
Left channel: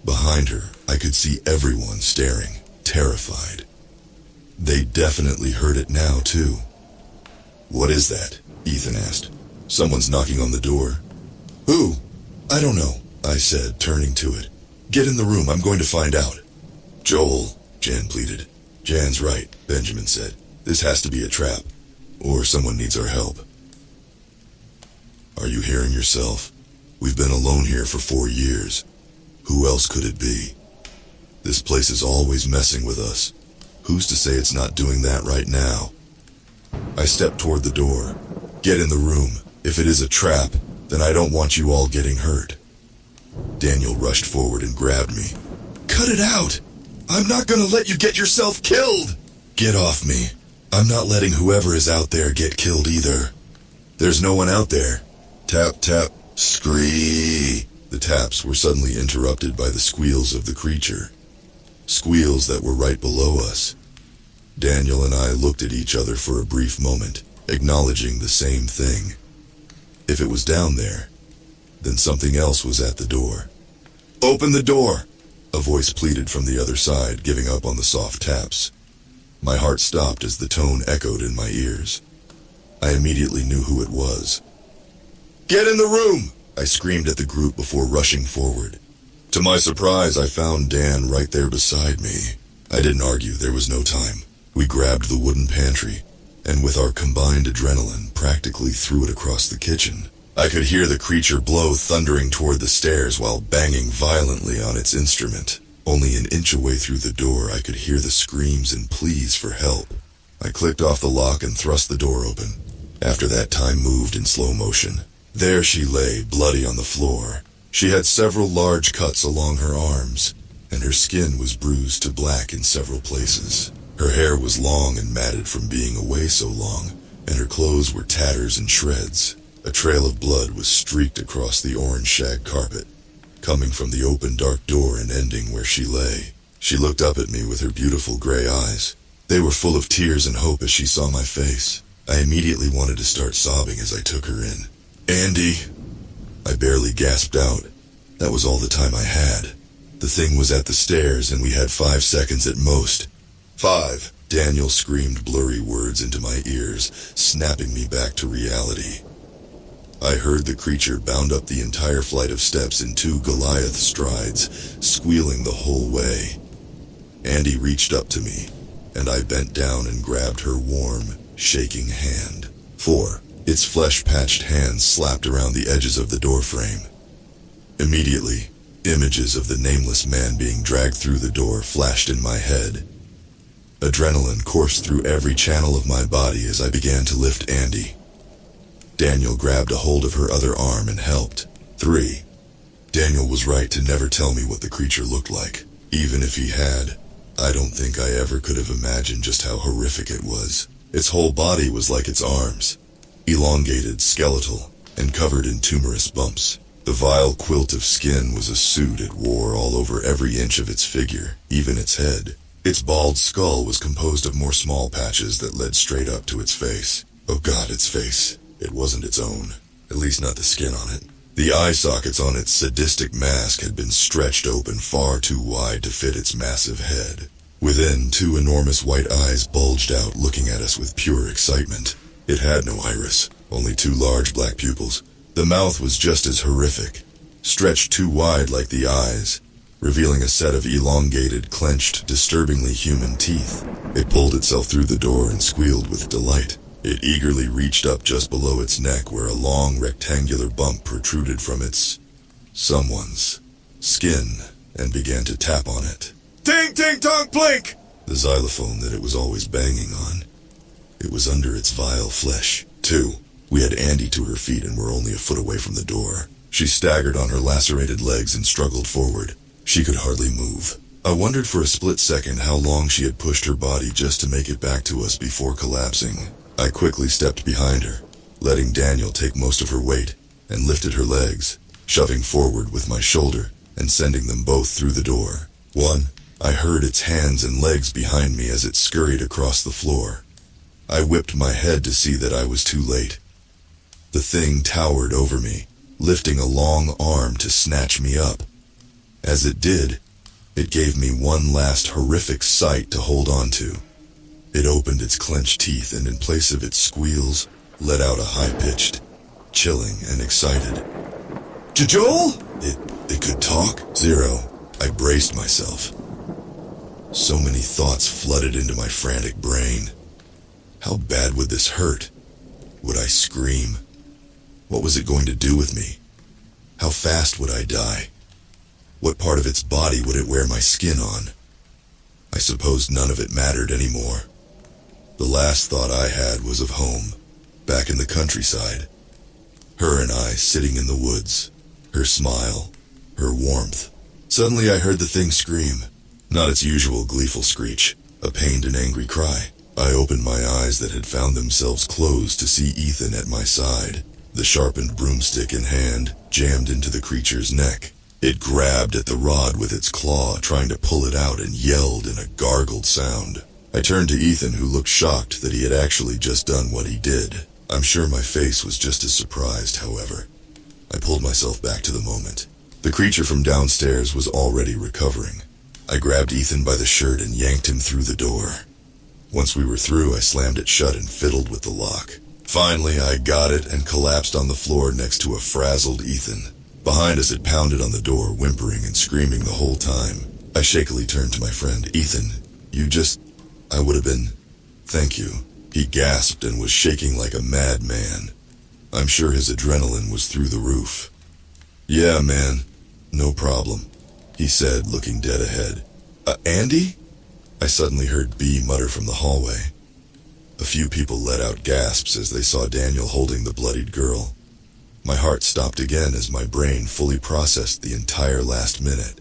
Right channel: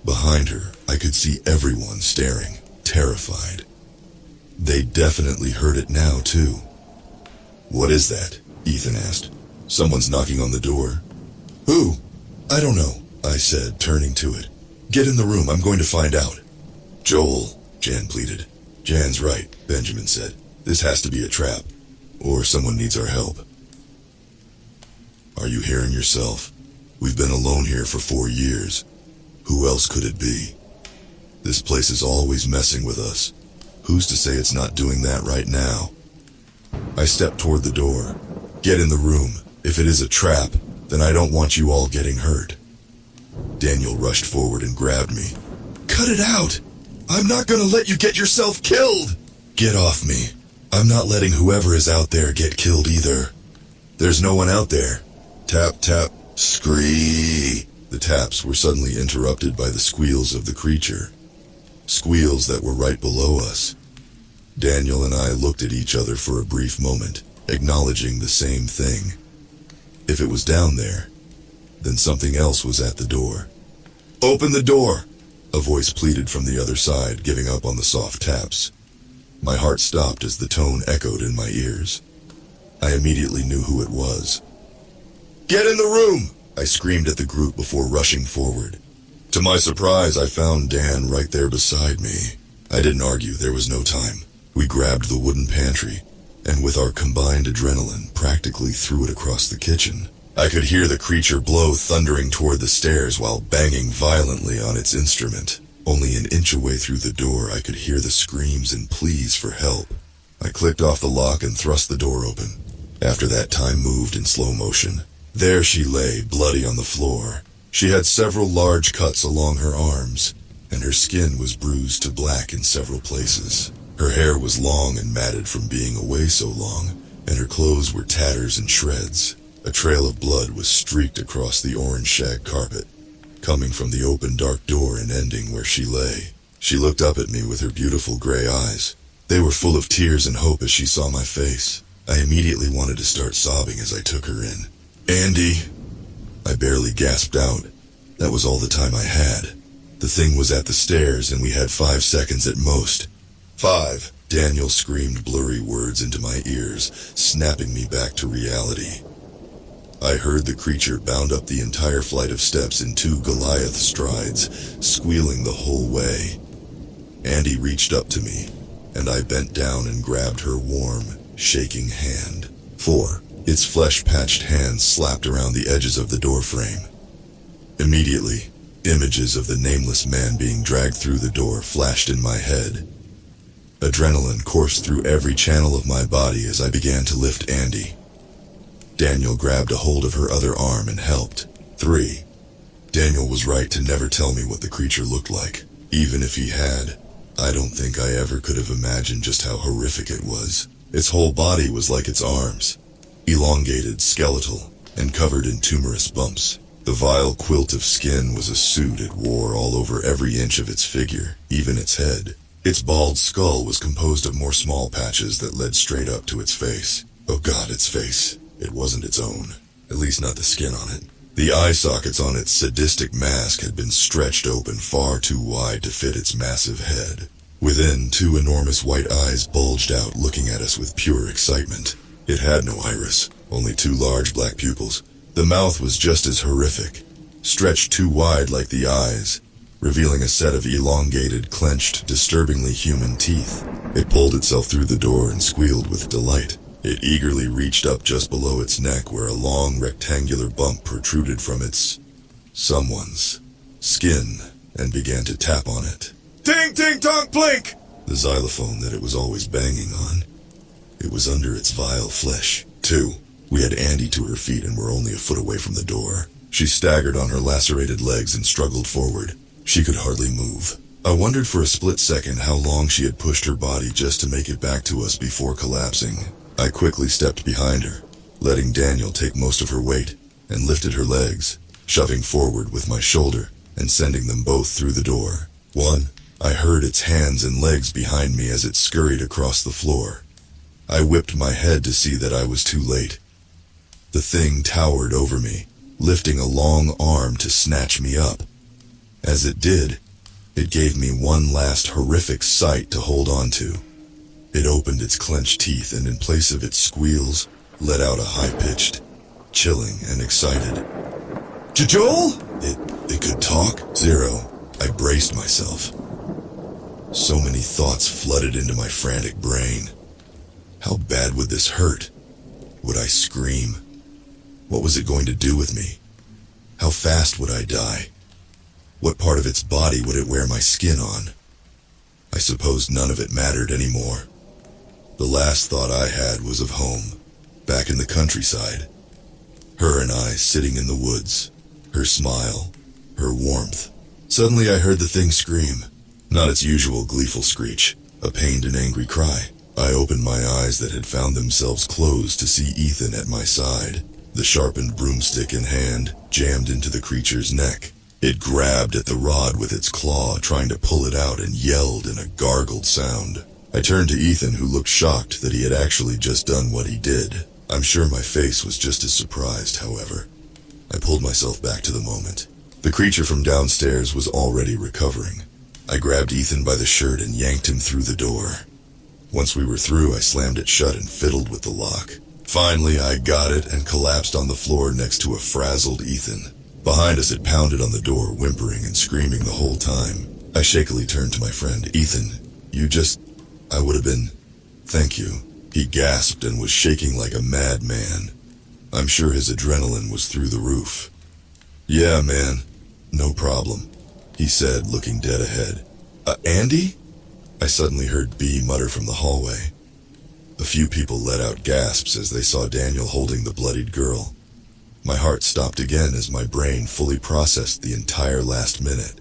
Behind her, I could see everyone staring, terrified. They definitely heard it now, too. What is that? Ethan asked. Someone's knocking on the door. Who? I don't know, I said, turning to it. Get in the room, I'm going to find out. Joel, Jan pleaded. Jan's right, Benjamin said. This has to be a trap, or someone needs our help. Are you hearing yourself? We've been alone here for 4 years. Who else could it be? This place is always messing with us. Who's to say it's not doing that right now? I stepped toward the door. Get in the room. If it is a trap, then I don't want you all getting hurt. Daniel rushed forward and grabbed me. Cut it out! I'm not gonna let you get yourself killed! Get off me. I'm not letting whoever is out there get killed either. There's no one out there. Tap, tap, scree. The taps were suddenly interrupted by the squeals of the creature. Squeals that were right below us. Daniel and I looked at each other for a brief moment, acknowledging the same thing. If it was down there, then something else was at the door. Open the door! A voice pleaded from the other side, giving up on the soft taps. My heart stopped as the tone echoed in my ears. I immediately knew who it was. Get in the room! I screamed at the group before rushing forward. To my surprise, I found Dan right there beside me. I didn't argue, there was no time. We grabbed the wooden pantry, and with our combined adrenaline, practically threw it across the kitchen. I could hear the creature blow thundering toward the stairs while banging violently on its instrument. Only an inch away through the door, I could hear the screams and pleas for help. I clicked off the lock and thrust the door open. After that, time moved in slow motion. There she lay, bloody on the floor. She had several large cuts along her arms, and her skin was bruised to black in several places. Her hair was long and matted from being away so long, and her clothes were tatters and shreds. A trail of blood was streaked across the orange shag carpet, coming from the open dark door and ending where she lay. She looked up at me with her beautiful gray eyes. They were full of tears and hope as she saw my face. I immediately wanted to start sobbing as I took her in. Andy! I barely gasped out. That was all the time I had. The thing was at the stairs and we had 5 seconds at most. 5. Daniel screamed blurry words into my ears, snapping me back to reality. I heard the creature bound up the entire flight of steps in 2 Goliath strides, squealing the whole way. Andy reached up to me, and I bent down and grabbed her warm, shaking hand. 4. Its flesh-patched hands slapped around the edges of the doorframe. Immediately, images of the nameless man being dragged through the door flashed in my head. Adrenaline coursed through every channel of my body as I began to lift Andy. Daniel grabbed a hold of her other arm and helped. 3. Daniel was right to never tell me what the creature looked like. Even if he had, I don't think I ever could have imagined just how horrific it was. Its whole body was like its arms, elongated, skeletal, and covered in tumorous bumps. The vile quilt of skin was a suit it wore all over every inch of its figure, even its head. Its bald skull was composed of more small patches that led straight up to its face. Oh God, its face. It wasn't its own, at least not the skin on it. The eye sockets on its sadistic mask had been stretched open far too wide to fit its massive head. Within, 2 enormous white eyes bulged out, looking at us with pure excitement. It had no iris, only 2 large black pupils. The mouth was just as horrific, stretched too wide like the eyes, revealing a set of elongated, clenched, disturbingly human teeth. It pulled itself through the door and squealed with delight. It eagerly reached up just below its neck where a long rectangular bump protruded from someone's skin and began to tap on it. Ting, ting, tong, blink! The xylophone that it was always banging on. It was under its vile flesh. 2. We had Andy to her feet and were only a foot away from the door. She staggered on her lacerated legs and struggled forward. She could hardly move. I wondered for a split second how long she had pushed her body just to make it back to us before collapsing. I quickly stepped behind her, letting Daniel take most of her weight, and lifted her legs, shoving forward with my shoulder and sending them both through the door. 1. I heard its hands and legs behind me as it scurried across the floor. I whipped my head to see that I was too late. The thing towered over me, lifting a long arm to snatch me up. As it did, it gave me one last horrific sight to hold on to. It opened its clenched teeth and in place of its squeals, let out a high-pitched, chilling and excited. Joel? It could talk? 0. I braced myself. So many thoughts flooded into my frantic brain. How bad would this hurt? Would I scream? What was it going to do with me? How fast would I die? What part of its body would it wear my skin on? I supposed none of it mattered anymore. The last thought I had was of home, back in the country. countryside. Her and I sitting in the woods. Her smile. Her warmth. Suddenly I heard the thing scream. Not its usual gleeful screech. A pained and angry cry. I opened my eyes that had found themselves closed to see Ethan at my side, the sharpened broomstick in hand, jammed into the creature's neck. It grabbed at the rod with its claw, trying to pull it out, and yelled in a gargled sound. I turned to Ethan, who looked shocked that he had actually just done what he did. I'm sure my face was just as surprised, however. I pulled myself back to the moment. The creature from downstairs was already recovering. I grabbed Ethan by the shirt and yanked him through the door. Once we were through, I slammed it shut and fiddled with the lock. Finally, I got it and collapsed on the floor next to a frazzled Ethan. Behind us, it pounded on the door, whimpering and screaming the whole time. I shakily turned to my friend. Ethan, I would have been... Thank you. He gasped and was shaking like a madman. I'm sure his adrenaline was through the roof. Yeah, man. No problem, he said, looking dead ahead. Andy? I suddenly heard B mutter from the hallway. A few people let out gasps as they saw Daniel holding the bloodied girl. My heart stopped again as my brain fully processed the entire last minute.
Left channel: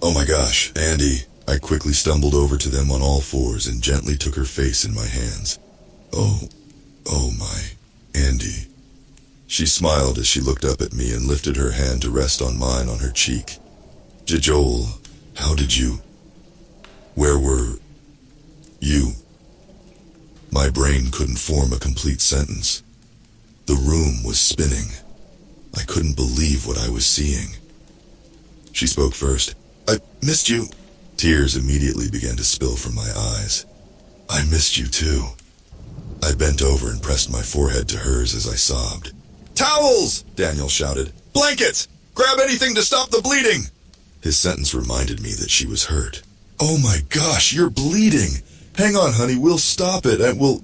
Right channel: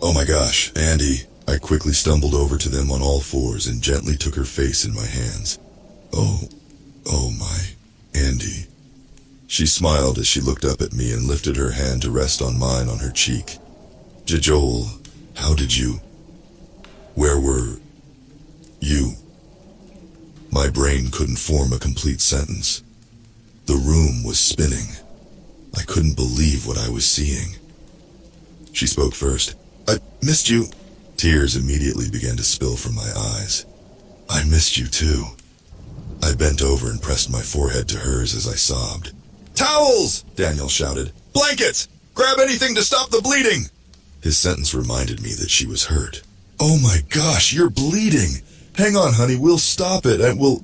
Oh my gosh, Andy. I quickly stumbled over to them on all fours and gently took her face in my hands. Oh my, Andy. She smiled as she looked up at me and lifted her hand to rest on mine on her cheek. Joel, how did you... Where were... you? My brain couldn't form a complete sentence. The room was spinning. I couldn't believe what I was seeing. She spoke first. I missed you. Tears immediately began to spill from my eyes. I missed you too. I bent over and pressed my forehead to hers as I sobbed. Towels! Daniel shouted. Blankets! Grab anything to stop the bleeding! His sentence reminded me that she was hurt. Oh my gosh, you're bleeding! Hang on, honey, we'll stop it and we'll...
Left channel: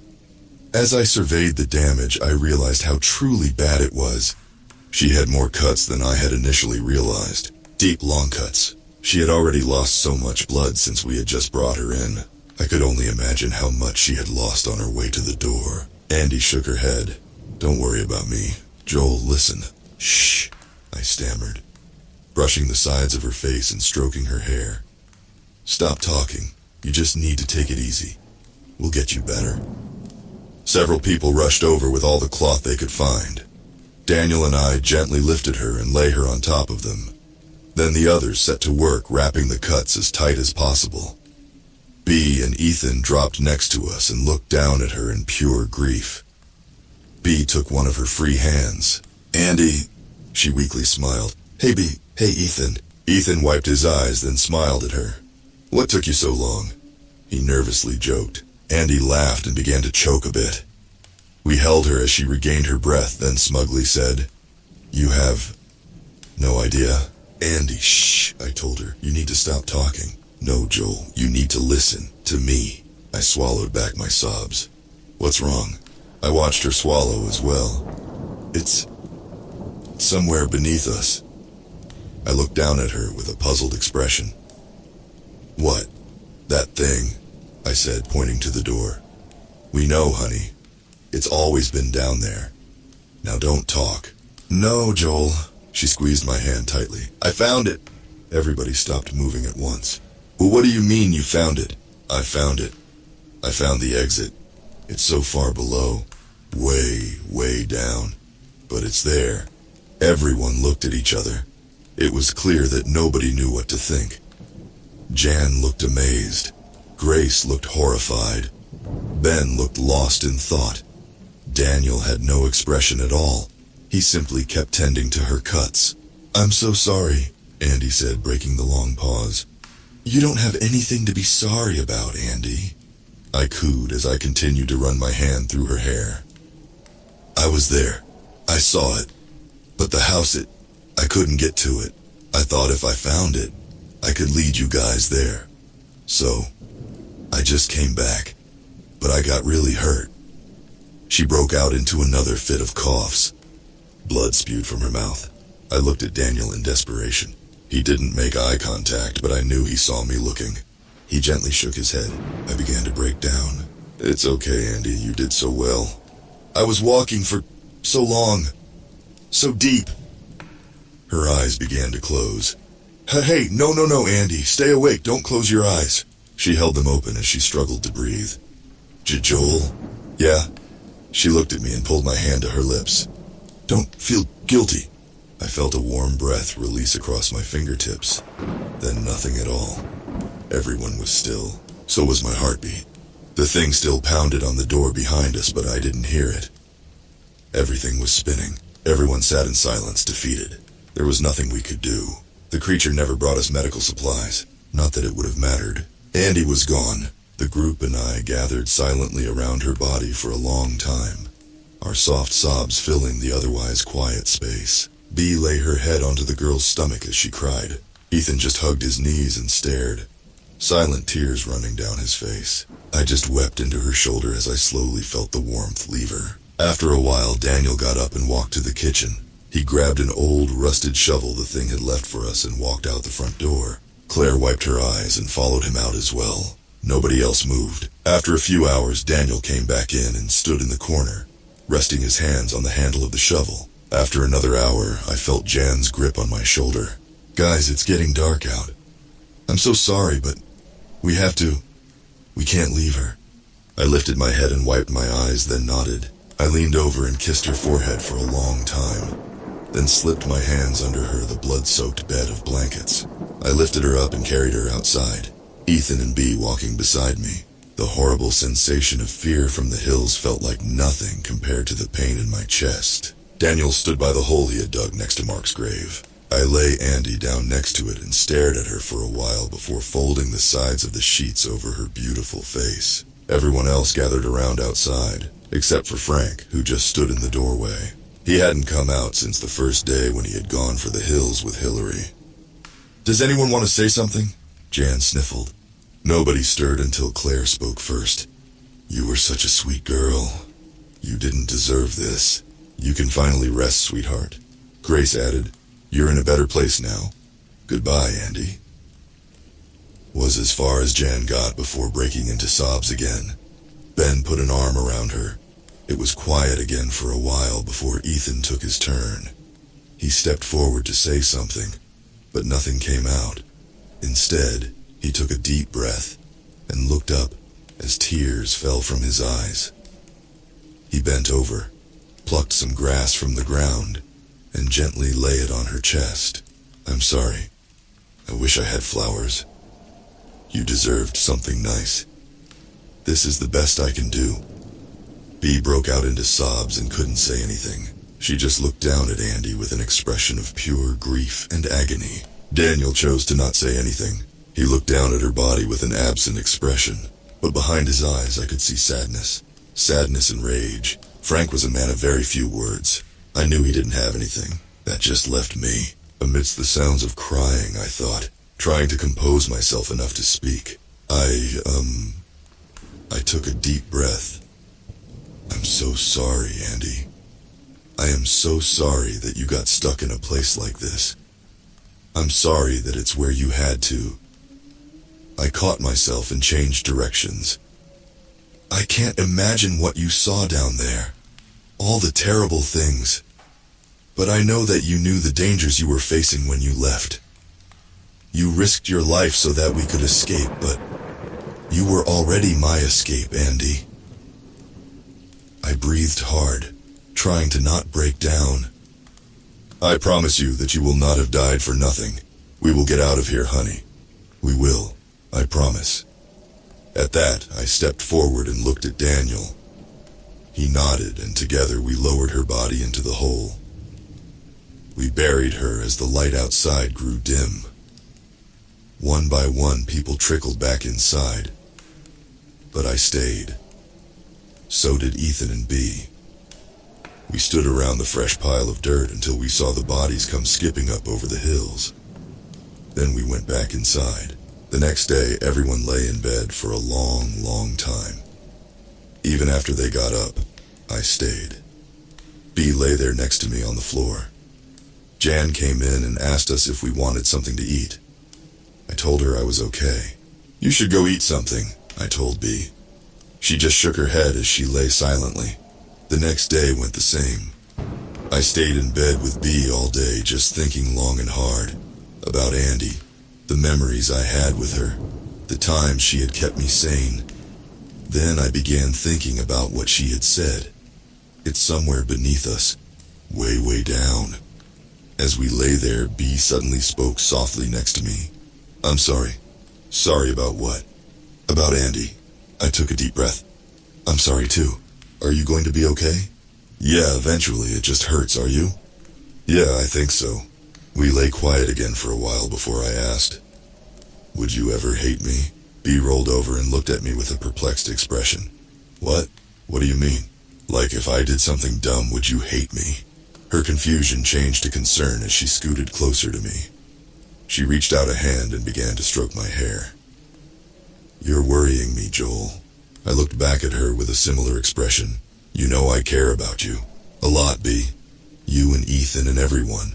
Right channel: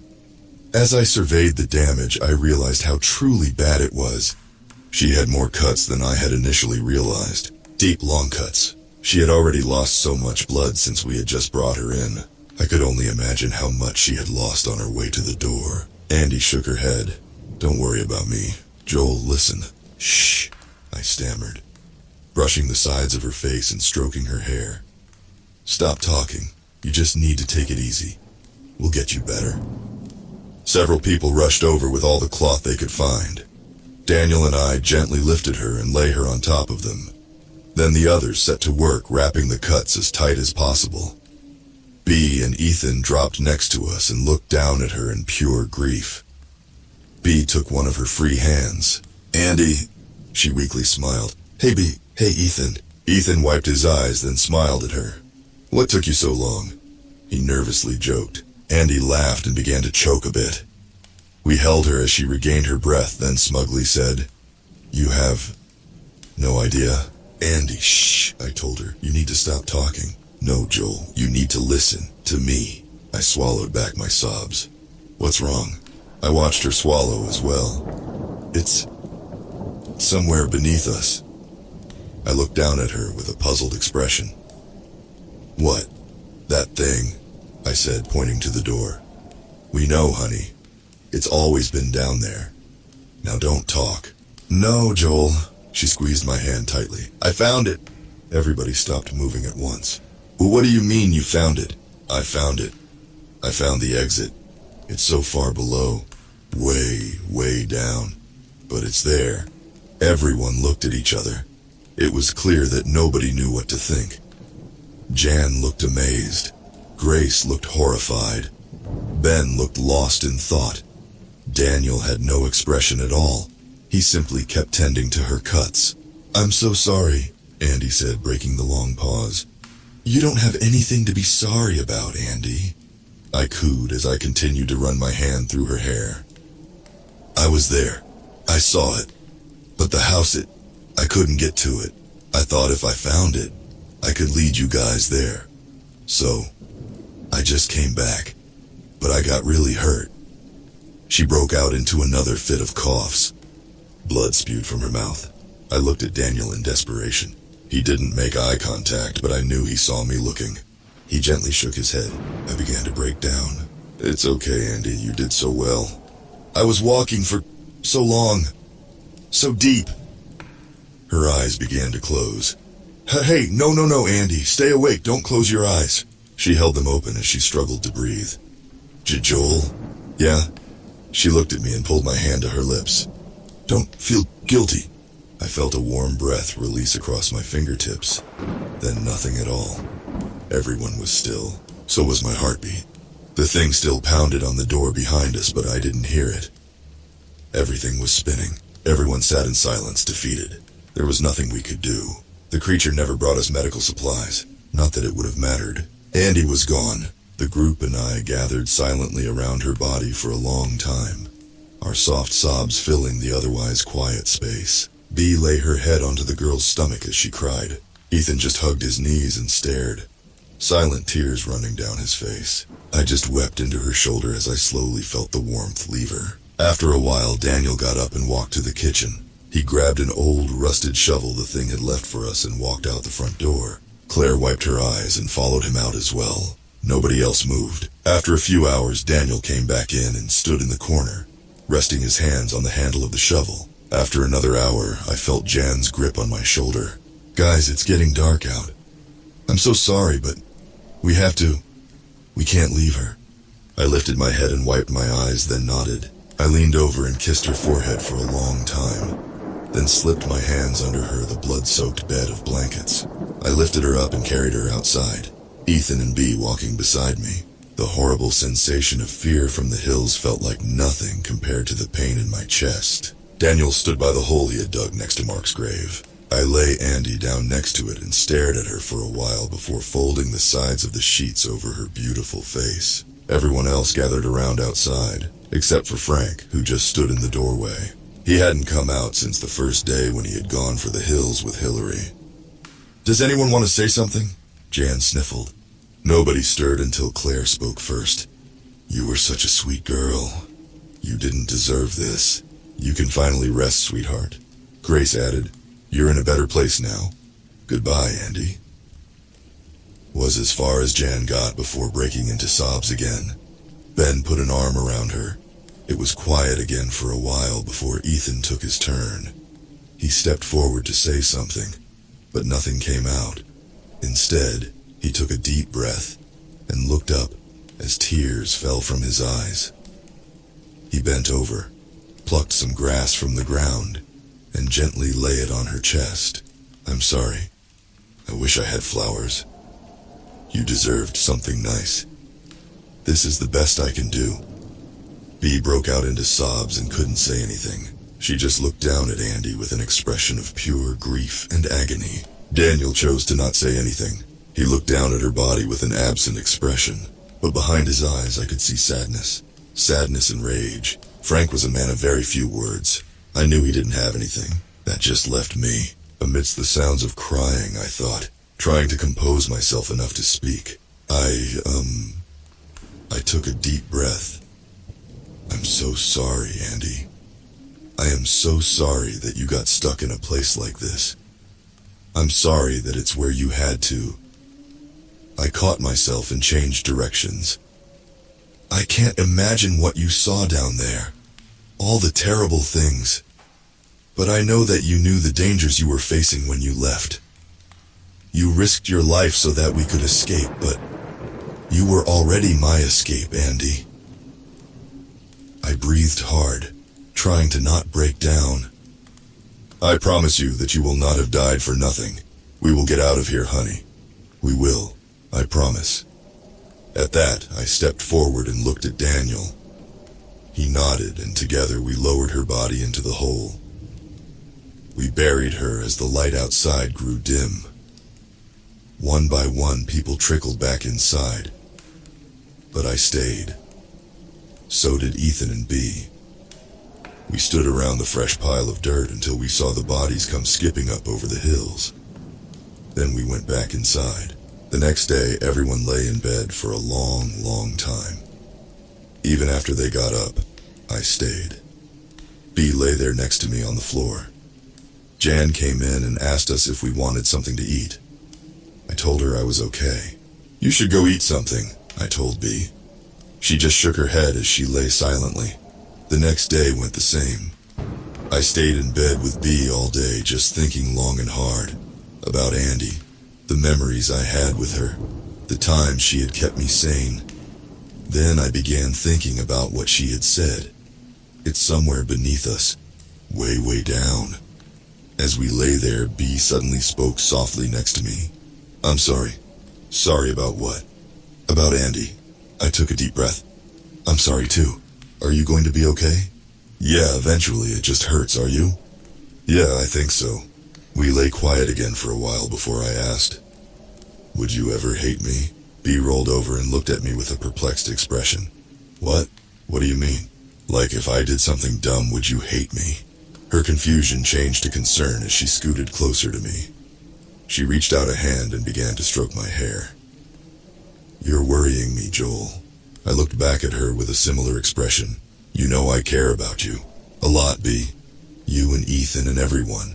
As I surveyed the damage, I realized how truly bad it was. She had more cuts than I had initially realized. Deep, long cuts. She had already lost so much blood since we had just brought her in. I could only imagine how much she had lost on her way to the door. Andy shook her head. Don't worry about me. Joel, listen. Shh, I stammered, brushing the sides of her face and stroking her hair. Stop talking. You just need to take it easy. We'll get you better. Several people rushed over with all the cloth they could find. Daniel and I gently lifted her and lay her on top of them. Then the others set to work wrapping the cuts as tight as possible. B and Ethan dropped next to us and looked down at her in pure grief. B took one of her free hands. Andy, she weakly smiled. Hey B, hey Ethan. Ethan wiped his eyes, then smiled at her. What took you so long? He nervously joked. Andy laughed and began to choke a bit. We held her as she regained her breath, then smugly said, You have no idea. Andy, shh, I told her. You need to stop talking. No, Joel, you need to listen to me. I swallowed back my sobs. What's wrong? I watched her swallow as well. It's somewhere beneath us. I looked down at her with a puzzled expression. What? That thing, I said, pointing to the door. We know, honey. It's always been down there. Now don't talk. No, Joel. She squeezed my hand tightly. I found it. Everybody stopped moving at once. Well, what do you mean you found it? I found it. I found the exit. It's so far below. Way down. But it's there. Everyone looked at each other. It was clear that nobody knew what to think. Jan looked amazed. Grace looked horrified. Ben looked lost in thought. Daniel had no expression at all. He simply kept tending to her cuts. I'm so sorry, Andy said, breaking the long pause. You don't have anything to be sorry about, Andy. I cooed as I continued to run my hand through her hair. I was there. I saw it. But the house, I couldn't get to it. I thought if I found it, I could lead you guys there. So, I just came back. But I got really hurt. She broke out into another fit of coughs. Blood spewed from her mouth. I looked at Daniel in desperation. He didn't make eye contact, but I knew he saw me looking. He gently shook his head. I began to break down. It's okay, Andy. You did so well. I was walking for so long, so deep. Her eyes began to close. Hey, no, Andy, stay awake, don't close your eyes. She held them open as she struggled to breathe. Joel? Yeah? She looked at me and pulled my hand to her lips. Don't feel guilty. I felt a warm breath release across my fingertips. Then nothing at all. Everyone was still. So was my heartbeat. The thing still pounded on the door behind us, but I didn't hear it. Everything was spinning. Everyone sat in silence, defeated. There was nothing we could do. The creature never brought us medical supplies. Not that it would have mattered. Andy was gone. The group and I gathered silently around her body for a long time, our soft sobs filling the otherwise quiet space. Bee lay her head onto the girl's stomach as she cried. Ethan just hugged his knees and stared, silent tears running down his face. I just wept into her shoulder as I slowly felt the warmth leave her. After a while, Daniel got up and walked to the kitchen. He grabbed an old, rusted shovel the thing had left for us and walked out the front door. Claire wiped her eyes and followed him out as well. Nobody else moved. After a few hours, Daniel came back in and stood in the corner, resting his hands on the handle of the shovel. After another hour, I felt Jan's grip on my shoulder. Guys, it's getting dark out. I'm so sorry, but we can't leave her. I lifted my head and wiped my eyes, then nodded. I leaned over and kissed her forehead for a long time, then slipped my hands under her the blood-soaked bed of blankets. I lifted her up and carried her outside. Ethan and Bee walking beside me. The horrible sensation of fear from the hills felt like nothing compared to the pain in my chest. Daniel stood by the hole he had dug next to Mark's grave. I lay Andy down next to it and stared at her for a while before folding the sides of the sheets over her beautiful face. Everyone else gathered around outside, except for Frank, who just stood in the doorway. He hadn't come out since the first day when he had gone for the hills with Hillary. Does anyone want to say something? Jan sniffled. Nobody stirred until Claire spoke first. You were such a sweet girl. You didn't deserve this. You can finally rest, sweetheart. Grace added, You're in a better place now. Goodbye, Andy. Was as far as Jan got before breaking into sobs again. Ben put an arm around her. It was quiet again for a while before Ethan took his turn. He stepped forward to say something, but nothing came out. Instead, he took a deep breath and looked up as tears fell from his eyes. He bent over, plucked some grass from the ground, and gently lay it on her chest. I'm sorry. I wish I had flowers. You deserved something nice. This is the best I can do. Bee broke out into sobs and couldn't say anything. She just looked down at Andy with an expression of pure grief and agony. Daniel chose to not say anything. He looked down at her body with an absent expression, but behind his eyes I could see sadness. Sadness and rage. Frank was a man of very few words. I knew he didn't have anything. That just left me. Amidst the sounds of crying, I thought, trying to compose myself enough to speak. I took a deep breath. I'm so sorry, Andy. I am so sorry that you got stuck in a place like this. I'm sorry that it's where you had to. I caught myself and changed directions. I can't imagine what you saw down there. All the terrible things. But I know that you knew the dangers you were facing when you left. You risked your life so that we could escape, but you were already my escape, Andy. I breathed hard, trying to not break down. I promise you that you will not have died for nothing. We will get out of here, honey. We will, I promise. At that, I stepped forward and looked at Daniel. He nodded, and together we lowered her body into the hole. We buried her as the light outside grew dim. One by one, people trickled back inside. But I stayed. So did Ethan and Bee. We stood around the fresh pile of dirt until we saw the bodies come skipping up over the hills. Then we went back inside. The next day, everyone lay in bed for a long, long time. Even after they got up, I stayed. Bee lay there next to me on the floor. Jan came in and asked us if we wanted something to eat. I told her I was okay. You should go eat something, I told Bee. She just shook her head as she lay silently. The next day went the same. I stayed in bed with B all day, just thinking long and hard about Andy, the memories I had with her, the times she had kept me sane. Then I began thinking about what she had said. It's somewhere beneath us, way, way down. As we lay there, B suddenly spoke softly next to me. I'm sorry. Sorry about what? About Andy. I took a deep breath. I'm sorry too. Are you going to be okay? Yeah, eventually. It just hurts, are you? Yeah, I think so. We lay quiet again for a while before I asked, would you ever hate me? B rolled over and looked at me with a perplexed expression. What? What do you mean? Like if I did something dumb, would you hate me? Her confusion changed to concern as she scooted closer to me. She reached out a hand and began to stroke my hair. You're worrying me, Joel. I looked back at her with a similar expression. You know I care about you. A lot, B. You and Ethan and everyone.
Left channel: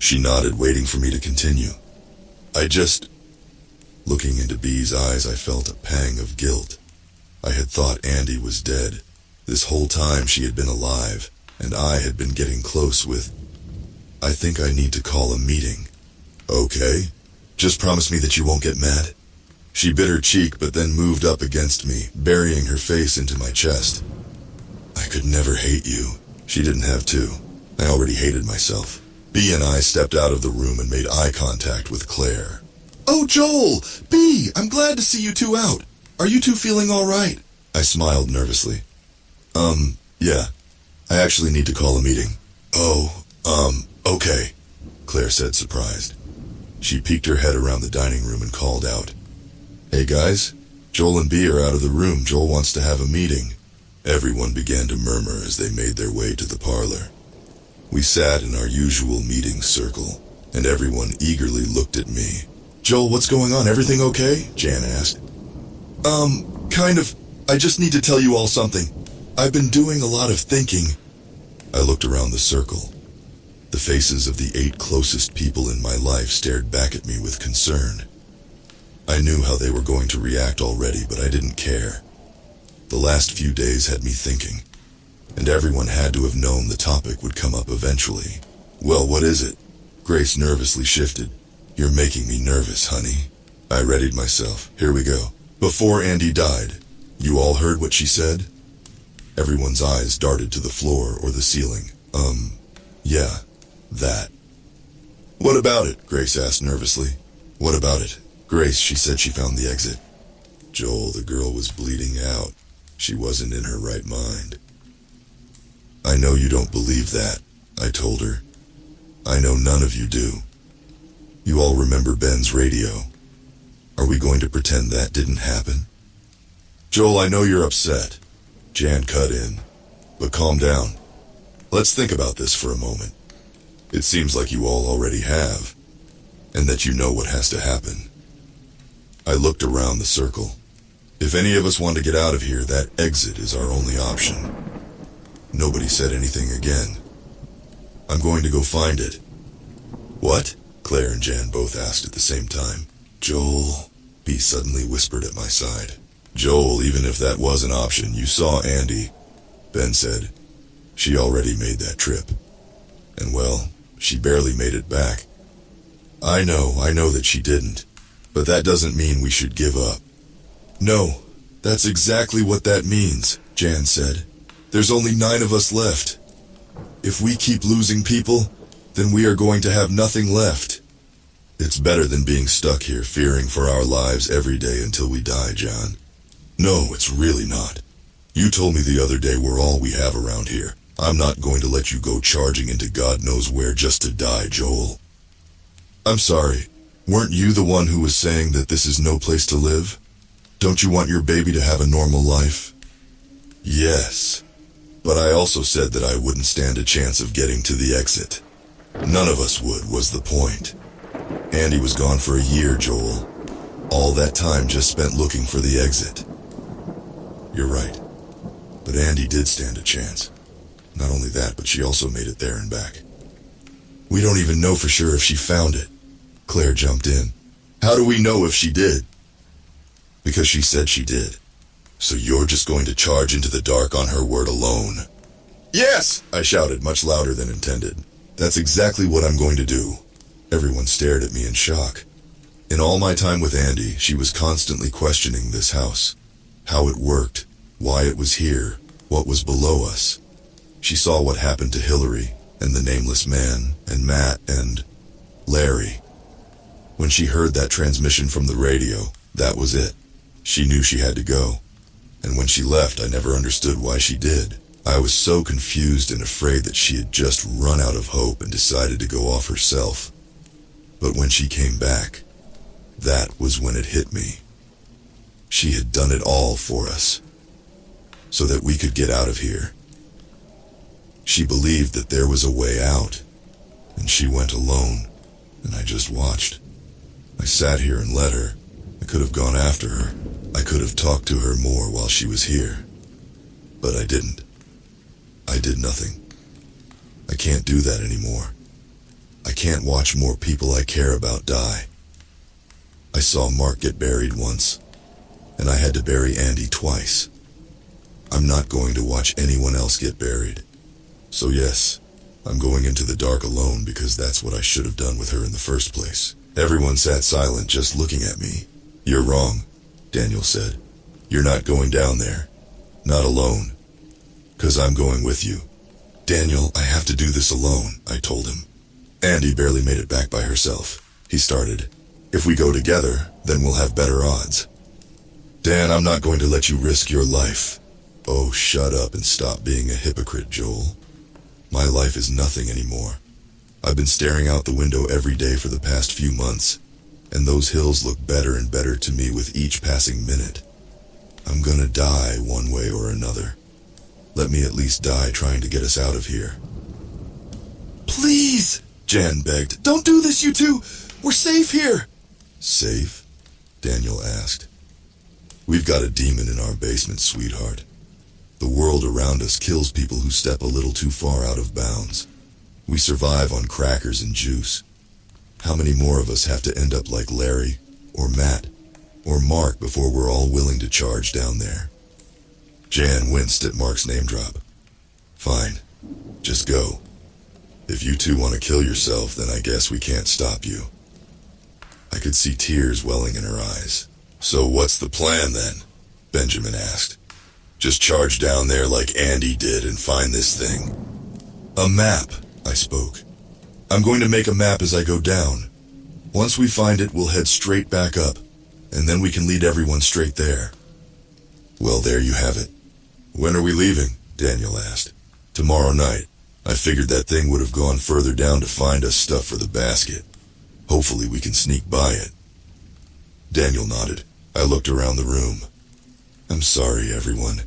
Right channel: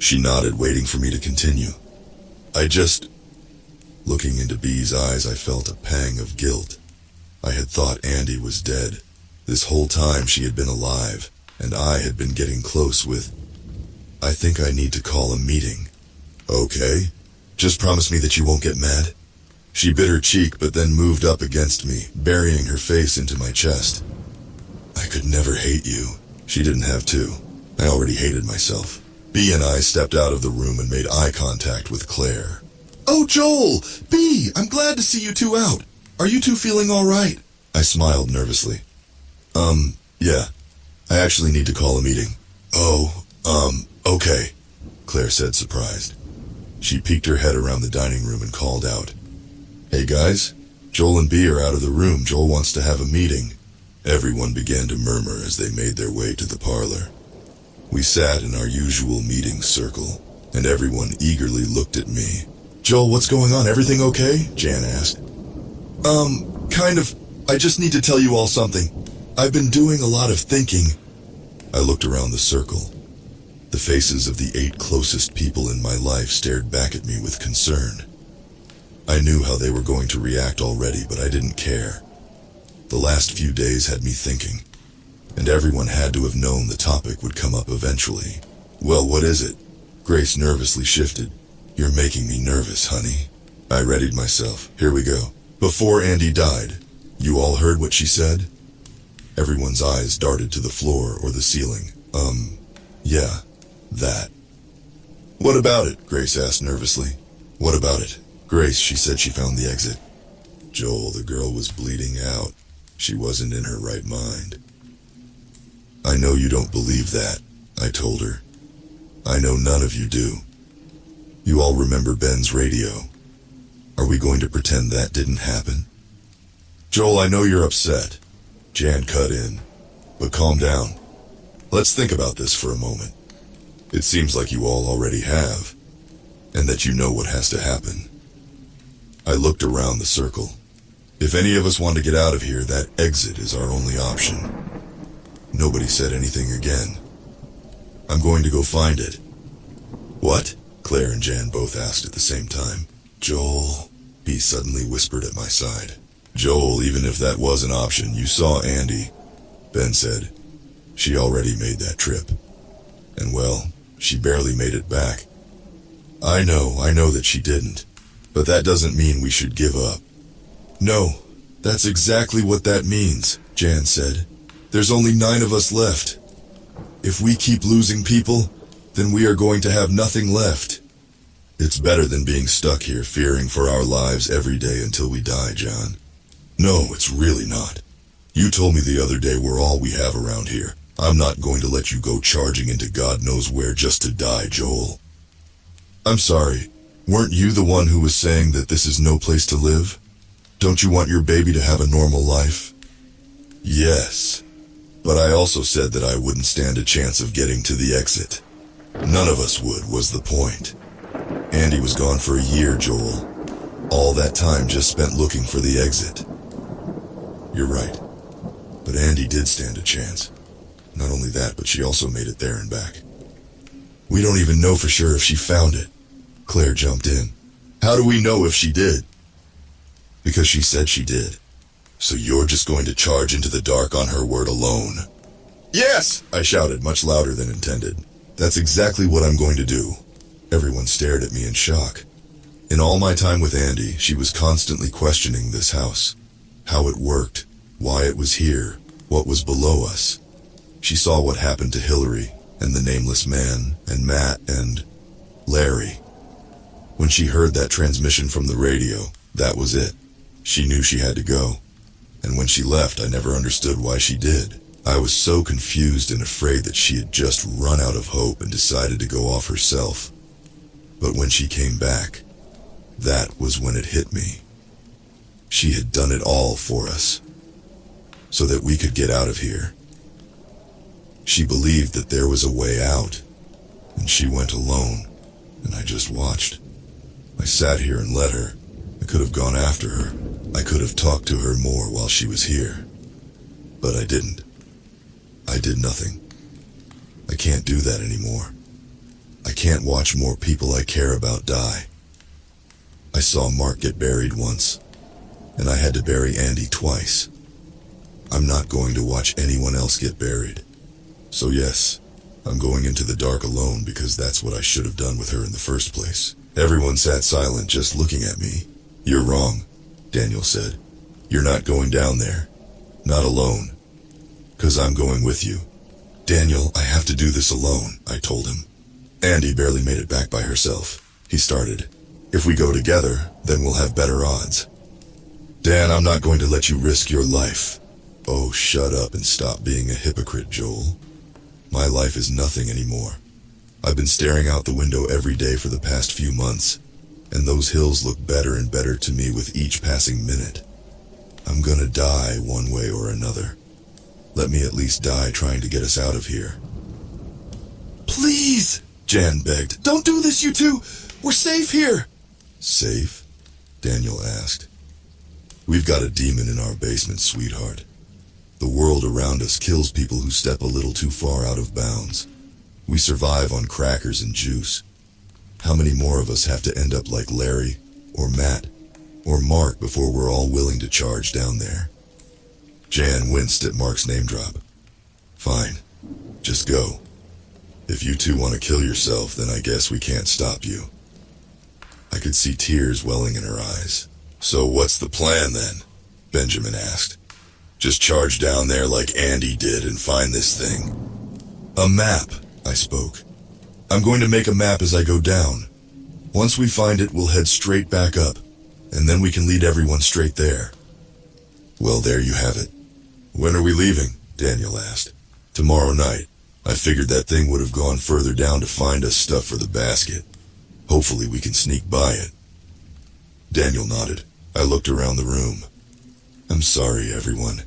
She nodded, waiting for me to continue. Looking into B's eyes, I felt a pang of guilt. I had thought Andy was dead. This whole time she had been alive, and I had been getting close with... I think I need to call a meeting. Okay. Just promise me that you won't get mad. She bit her cheek, but then moved up against me, burying her face into my chest. I could never hate you. She didn't have to. I already hated myself. B and I stepped out of the room and made eye contact with Claire. Oh, Joel! B, I'm glad to see you two out. Are you two feeling all right? I smiled nervously. Yeah. I actually need to call a meeting. Oh, okay, Claire said, surprised. She peeked her head around the dining room and called out. Hey guys, Joel and B are out of the room. Joel wants to have a meeting. Everyone began to murmur as they made their way to the parlor. We sat in our usual meeting circle, and everyone eagerly looked at me. Joel, what's going on? Everything okay? Jan asked. Kind of. I just need to tell you all something. I've been doing a lot of thinking. I looked around the circle. The faces of the 8 closest people in my life stared back at me with concern. I knew how they were going to react already, but I didn't care. The last few days had me thinking, and everyone had to have known the topic would come up eventually. Well, what is it? Grace nervously shifted. You're making me nervous, honey. I readied myself. Here we go. Before Andy died, you all heard what she said? Everyone's eyes darted to the floor or the ceiling. Yeah, that. What about it? Grace asked nervously. What about it? Grace, she said she found the exit. Joel, the girl was bleeding out. She wasn't in her right mind. I know you don't believe that, I told her. I know none of you do. You all remember Ben's radio. Are we going to pretend that didn't happen? Joel, I know you're upset. Jan cut in. But calm down. Let's think about this for a moment. It seems like you all already have, and that you know what has to happen. I looked around the circle. If any of us want to get out of here, that exit is our only option. Nobody said anything again. I'm going to go find it. What? Claire and Jan both asked at the same time. Joel, B suddenly whispered at my side. Joel, even if that was an option, you saw Andy. Ben said. She already made that trip. And well, she barely made it back. I know that she didn't. But that doesn't mean we should give up. No, that's exactly what that means, Jan said. There's only 9 of us left. If we keep losing people, then we are going to have nothing left. It's better than being stuck here fearing for our lives every day until we die, John. No, it's really not. You told me the other day we're all we have around here. I'm not going to let you go charging into God knows where just to die, Joel. I'm sorry. Weren't you the one who was saying that this is no place to live? Don't you want your baby to have a normal life? Yes. But I also said that I wouldn't stand a chance of getting to the exit. None of us would, was the point. Andy was gone for a year, Joel. All that time just spent looking for the exit. You're right. But Andy did stand a chance. Not only that, but she also made it there and back. We don't even know for sure if she found it. Claire jumped in. How do we know if she did? Because she said she did. So you're just going to charge into the dark on her word alone? Yes! I shouted much louder than intended. That's exactly what I'm going to do. Everyone stared at me in shock. In all my time with Andy, she was constantly questioning this house. How it worked, why it was here, what was below us. She saw what happened to Hillary, and the nameless man, and Matt, and Larry. When she heard that transmission from the radio, that was it. She knew she had to go. And when she left, I never understood why she did. I was so confused and afraid that she had just run out of hope and decided to go off herself. But when she came back, that was when it hit me. She had done it all for us, so that we could get out of here. She believed that there was a way out, and she went alone, and I just watched. I sat here and let her. I could have gone after her. I could have talked to her more while she was here. But I didn't. I did nothing. I can't do that anymore. I can't watch more people I care about die. I saw Mark get buried once, and I had to bury Andy twice. I'm not going to watch anyone else get buried. So yes, I'm going into the dark alone because that's what I should have done with her in the first place. Everyone sat silent, just looking at me. You're wrong, Daniel said. You're not going down there. Not alone. 'Cause I'm going with you. Daniel, I have to do this alone, I told him. Andy barely made it back by herself. He started. If we go together, then we'll have better odds. Dan, I'm not going to let you risk your life. Oh, shut up and stop being a hypocrite, Joel. My life is nothing anymore. I've been staring out the window every day for the past few months, and those hills look better and better to me with each passing minute. I'm gonna die one way or another. Let me at least die trying to get us out of here. Please, Jan begged. Don't do this, you two. We're safe here. Safe? Daniel asked. We've got a demon in our basement, sweetheart. The world around us kills people who step a little too far out of bounds. We survive on crackers and juice. How many more of us have to end up like Larry, or Matt, or Mark before we're all willing to charge down there? Jan winced at Mark's name drop. Fine, just go. If you two want to kill yourself, then I guess we can't stop you. I could see tears welling in her eyes. So what's the plan then? Benjamin asked. Just charge down there like Andy did and find this thing. A map, I spoke. I'm going to make a map as I go down. Once we find it, we'll head straight back up, and then we can lead everyone straight there. Well, there you have it. When are we leaving? Daniel asked. Tomorrow night. I figured that thing would have gone further down to find us stuff for the basket. Hopefully we can sneak by it. Daniel nodded. I looked around the room. I'm sorry, everyone,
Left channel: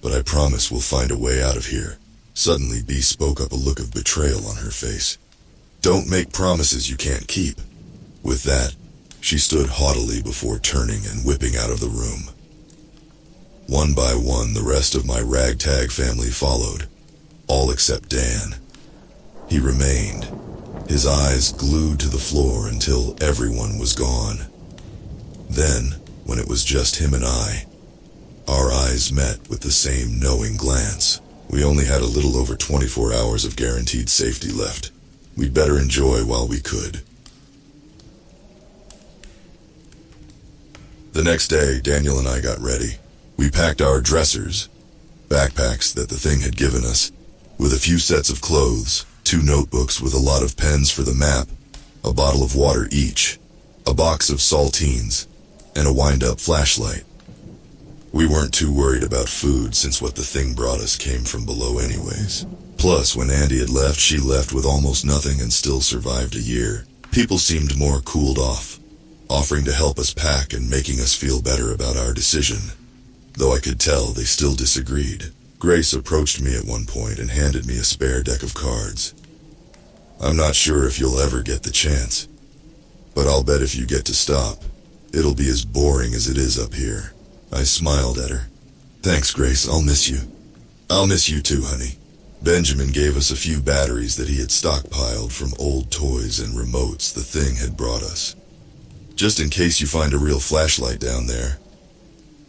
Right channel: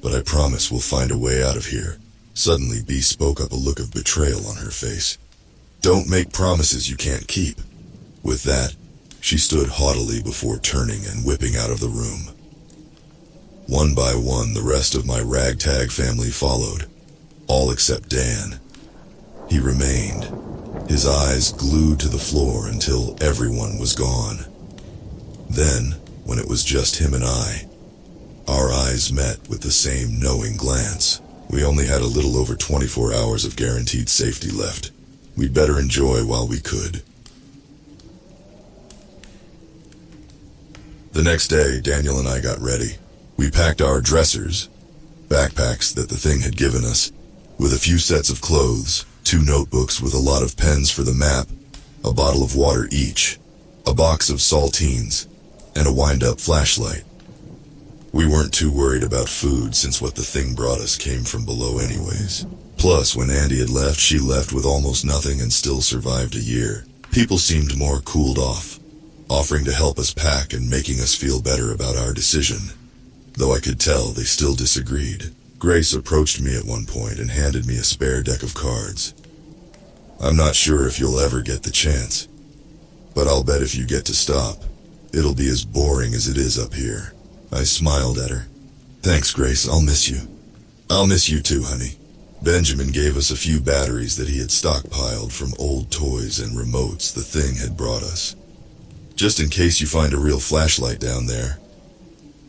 but I promise we'll find a way out of here. Suddenly, Bee spoke up, a look of betrayal on her face. Don't make promises you can't keep. With that, she stood haughtily before turning and whipping out of the room. One by one, the rest of my ragtag family followed, all except Dan. He remained, his eyes glued to the floor until everyone was gone. Then, when it was just him and I, our eyes met with the same knowing glance. We only had a little over 24 hours of guaranteed safety left. We'd better enjoy while we could. The next day, Daniel and I got ready. We packed our dressers, backpacks that the thing had given us, with a few sets of clothes, 2 notebooks with a lot of pens for the map, a bottle of water each, a box of saltines, and a wind-up flashlight. We weren't too worried about food since what the thing brought us came from below anyways. Plus, when Andy had left, she left with almost nothing and still survived a year. People seemed more cooled off, offering to help us pack and making us feel better about our decision. Though I could tell they still disagreed. Grace approached me at one point and handed me a spare deck of cards. I'm not sure if you'll ever get the chance, but I'll bet if you get to stop, it'll be as boring as it is up here. I smiled at her. Thanks, Grace, I'll miss you. I'll miss you too, honey. Benjamin gave us a few batteries that he had stockpiled from old toys and remotes the thing had brought us. Just in case you find a real flashlight down there,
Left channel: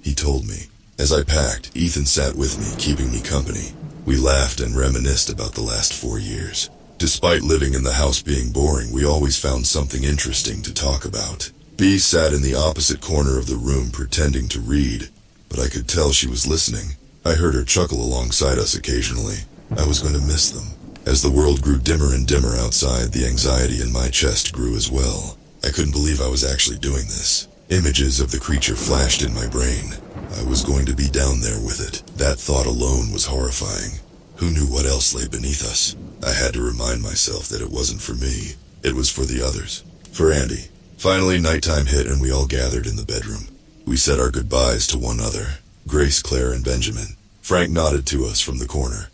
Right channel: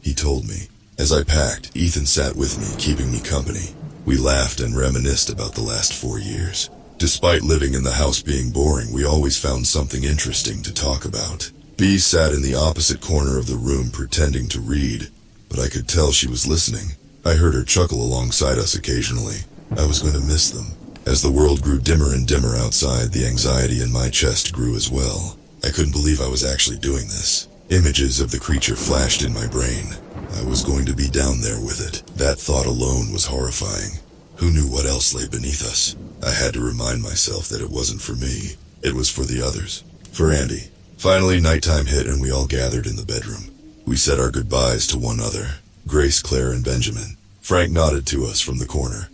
he told me. As I packed, Ethan sat with me, keeping me company. We laughed and reminisced about the last 4 years. Despite living in the house being boring, we always found something interesting to talk about. Bee sat in the opposite corner of the room pretending to read, but I could tell she was listening. I heard her chuckle alongside us occasionally. I was going to miss them. As the world grew dimmer and dimmer outside, the anxiety in my chest grew as well. I couldn't believe I was actually doing this. Images of the creature flashed in my brain. I was going to be down there with it. That thought alone was horrifying. Who knew what else lay beneath us? I had to remind myself that it wasn't for me. It was for the others. For Andy. Finally, nighttime hit and we all gathered in the bedroom. We said our goodbyes to one another. Grace, Claire, and Benjamin. Frank nodded to us from the corner.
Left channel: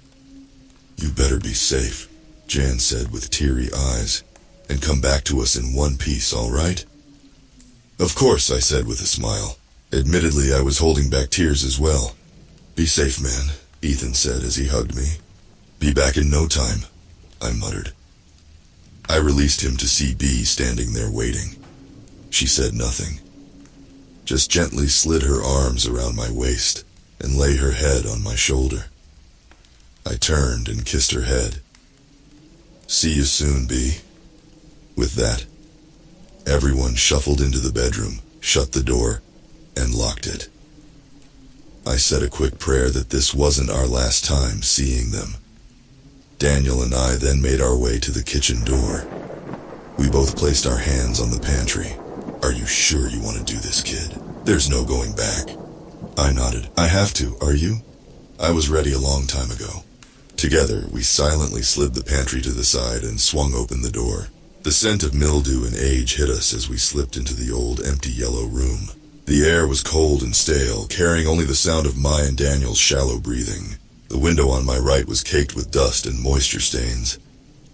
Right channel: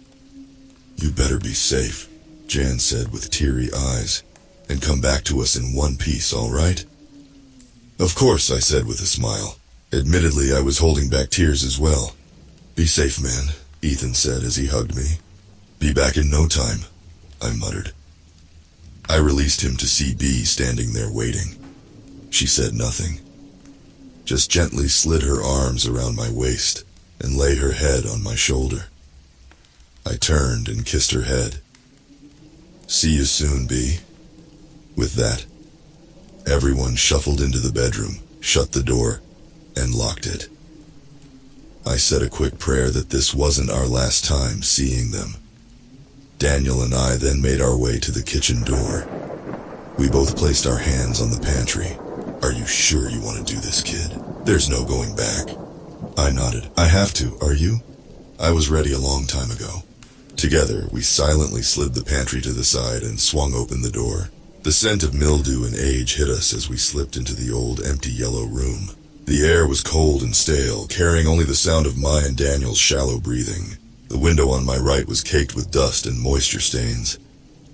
"You better be safe," Jan said with teary eyes, "and come back to us in one piece, all right?" "Of course," I said with a smile. Admittedly, I was holding back tears as well. "Be safe, man," Ethan said as he hugged me. "Be back in no time," I muttered. I released him to see Bee standing there waiting. She said nothing, just gently slid her arms around my waist and lay her head on my shoulder. I turned and kissed her head. "See you soon, Bee." With that, everyone shuffled into the bedroom, shut the door, and locked it. I said a quick prayer that this wasn't our last time seeing them. Daniel and I then made our way to the kitchen door. We both placed our hands on the pantry. "Are you sure you want to do this, kid? There's no going back." I nodded. "I have to, are you?" I was ready a long time ago. Together, we silently slid the pantry to the side and swung open the door. The scent of mildew and age hit us as we slipped into the old, empty yellow room. The air was cold and stale, carrying only the sound of my and Daniel's shallow breathing. The window on my right was caked with dust and moisture stains.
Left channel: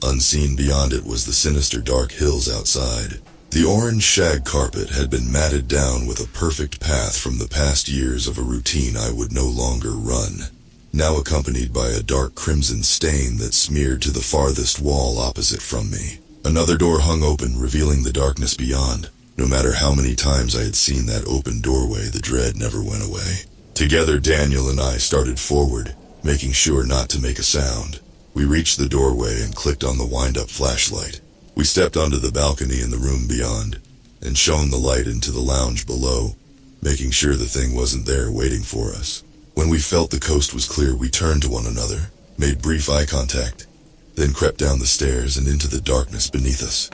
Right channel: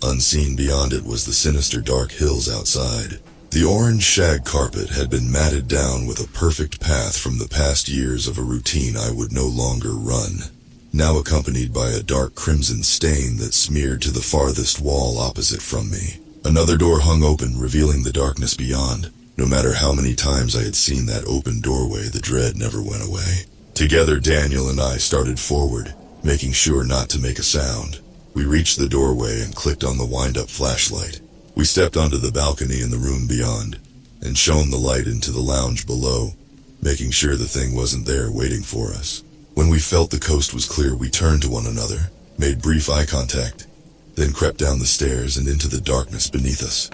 Unseen beyond it was the sinister dark hills outside. The orange shag carpet had been matted down with a perfect path from the past years of a routine I would no longer run, now accompanied by a dark crimson stain that smeared to the farthest wall opposite from me. Another door hung open, revealing the darkness beyond. No matter how many times I had seen that open doorway, the dread never went away. Together, Daniel and I started forward, making sure not to make a sound. We reached the doorway and clicked on the wind-up flashlight. We stepped onto the balcony in the room beyond, and shone the light into the lounge below, making sure the thing wasn't there waiting for us. When we felt the coast was clear, we turned to one another, made brief eye contact, then crept down the stairs and into the darkness beneath us.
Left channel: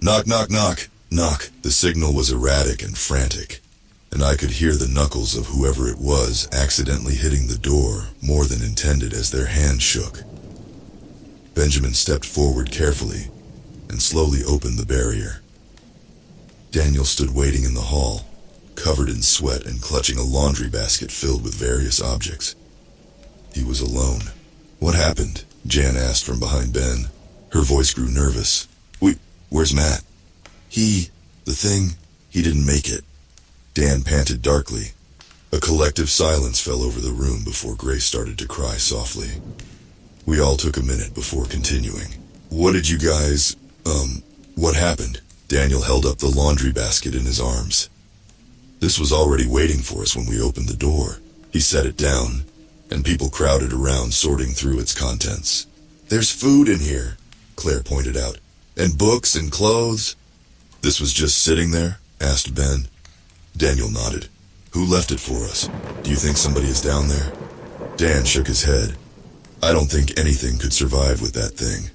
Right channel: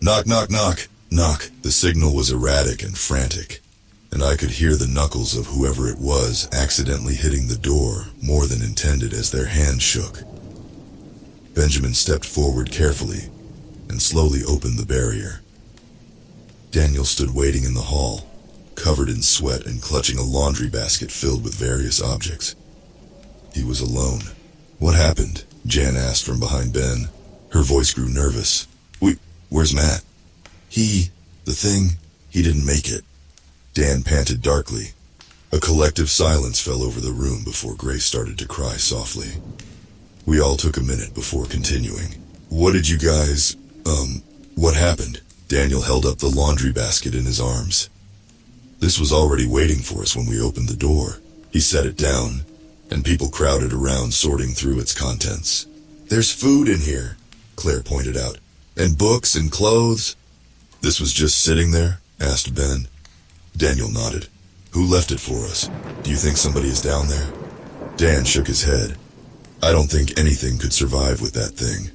Knock, knock, knock, knock. The signal was erratic and frantic, and I could hear the knuckles of whoever it was accidentally hitting the door more than intended as their hands shook. Benjamin stepped forward carefully and slowly opened the barrier. Daniel stood waiting in the hall, covered in sweat and clutching a laundry basket filled with various objects. He was alone. "What happened?" Jan asked from behind Ben. Her voice grew nervous. Where's Matt?" The thing, he didn't make it." Dan panted darkly. A collective silence fell over the room before Grace started to cry softly. We all took a minute before continuing. "What did you guys, what happened?" Daniel held up the laundry basket in his arms. "This was already waiting for us when we opened the door." He set it down, and people crowded around sorting through its contents. "There's food in here," Claire pointed out, "and books and clothes." "This was just sitting there?" asked Ben. Daniel nodded. "Who left it for us? Do you think somebody is down there?" Dan shook his head. "I don't think anything could survive with that thing."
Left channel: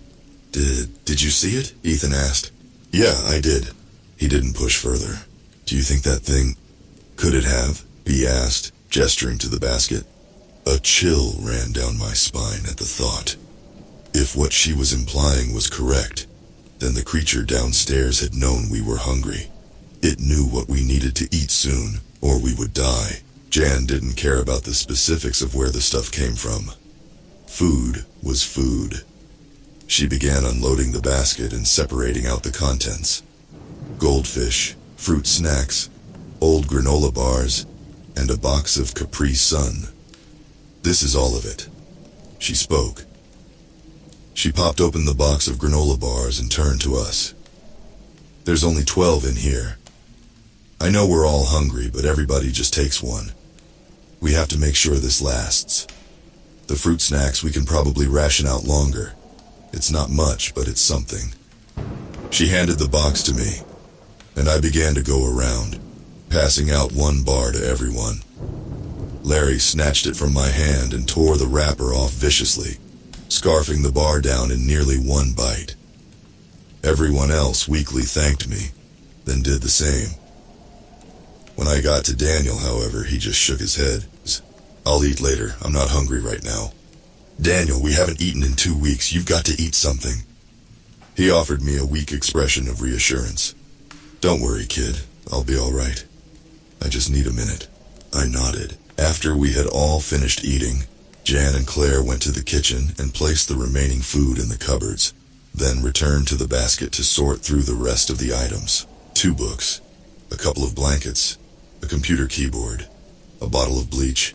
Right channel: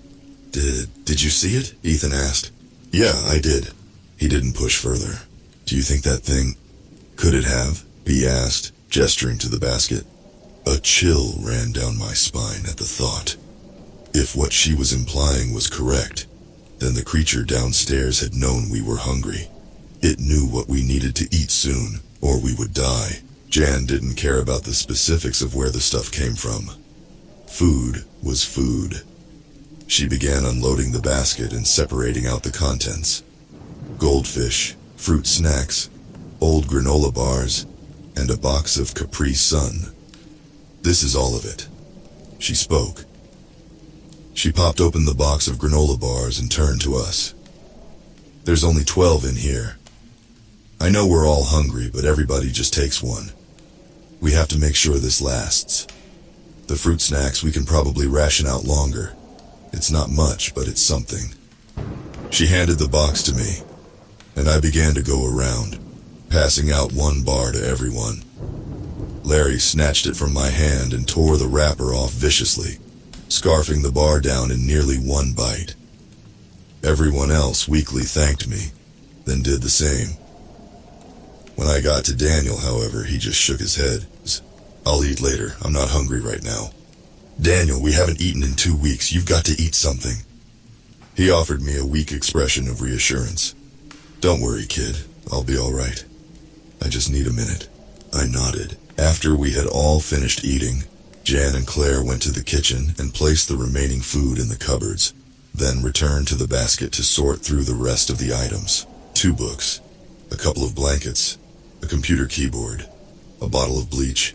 Did you see it?" Ethan asked. "Yeah, I did." He didn't push further. "Do you think that thing... could it have?" he asked, gesturing to the basket. A chill ran down my spine at the thought. If what she was implying was correct, then the creature downstairs had known we were hungry. It knew what we needed to eat soon, or we would die. Jan didn't care about the specifics of where the stuff came from. Food was food. She began unloading the basket and separating out the contents. Goldfish, fruit snacks, old granola bars, and a box of Capri Sun. "This is all of it." She spoke. She popped open the box of granola bars and turned to us. "There's only 12 in here. I know we're all hungry, but everybody just takes one. We have to make sure this lasts." The fruit snacks we can probably ration out longer. It's not much, but it's something. She handed the box to me, and I began to go around, passing out one bar to everyone. Larry snatched it from my hand and tore the wrapper off viciously, scarfing the bar down in nearly one bite. Everyone else weakly thanked me, then did the same. When I got to Daniel, however, he just shook his head. "I'll eat later. I'm not hungry right now." "Daniel, we haven't eaten in 2 weeks. You've got to eat something." He offered me a weak expression of reassurance. "Don't worry, kid. I'll be all right. I just need a minute." I nodded. After we had all finished eating, Jan and Claire went to the kitchen and placed the remaining food in the cupboards, then returned to the basket to sort through the rest of the items. 2 books, a couple of blankets, a computer keyboard, a bottle of bleach,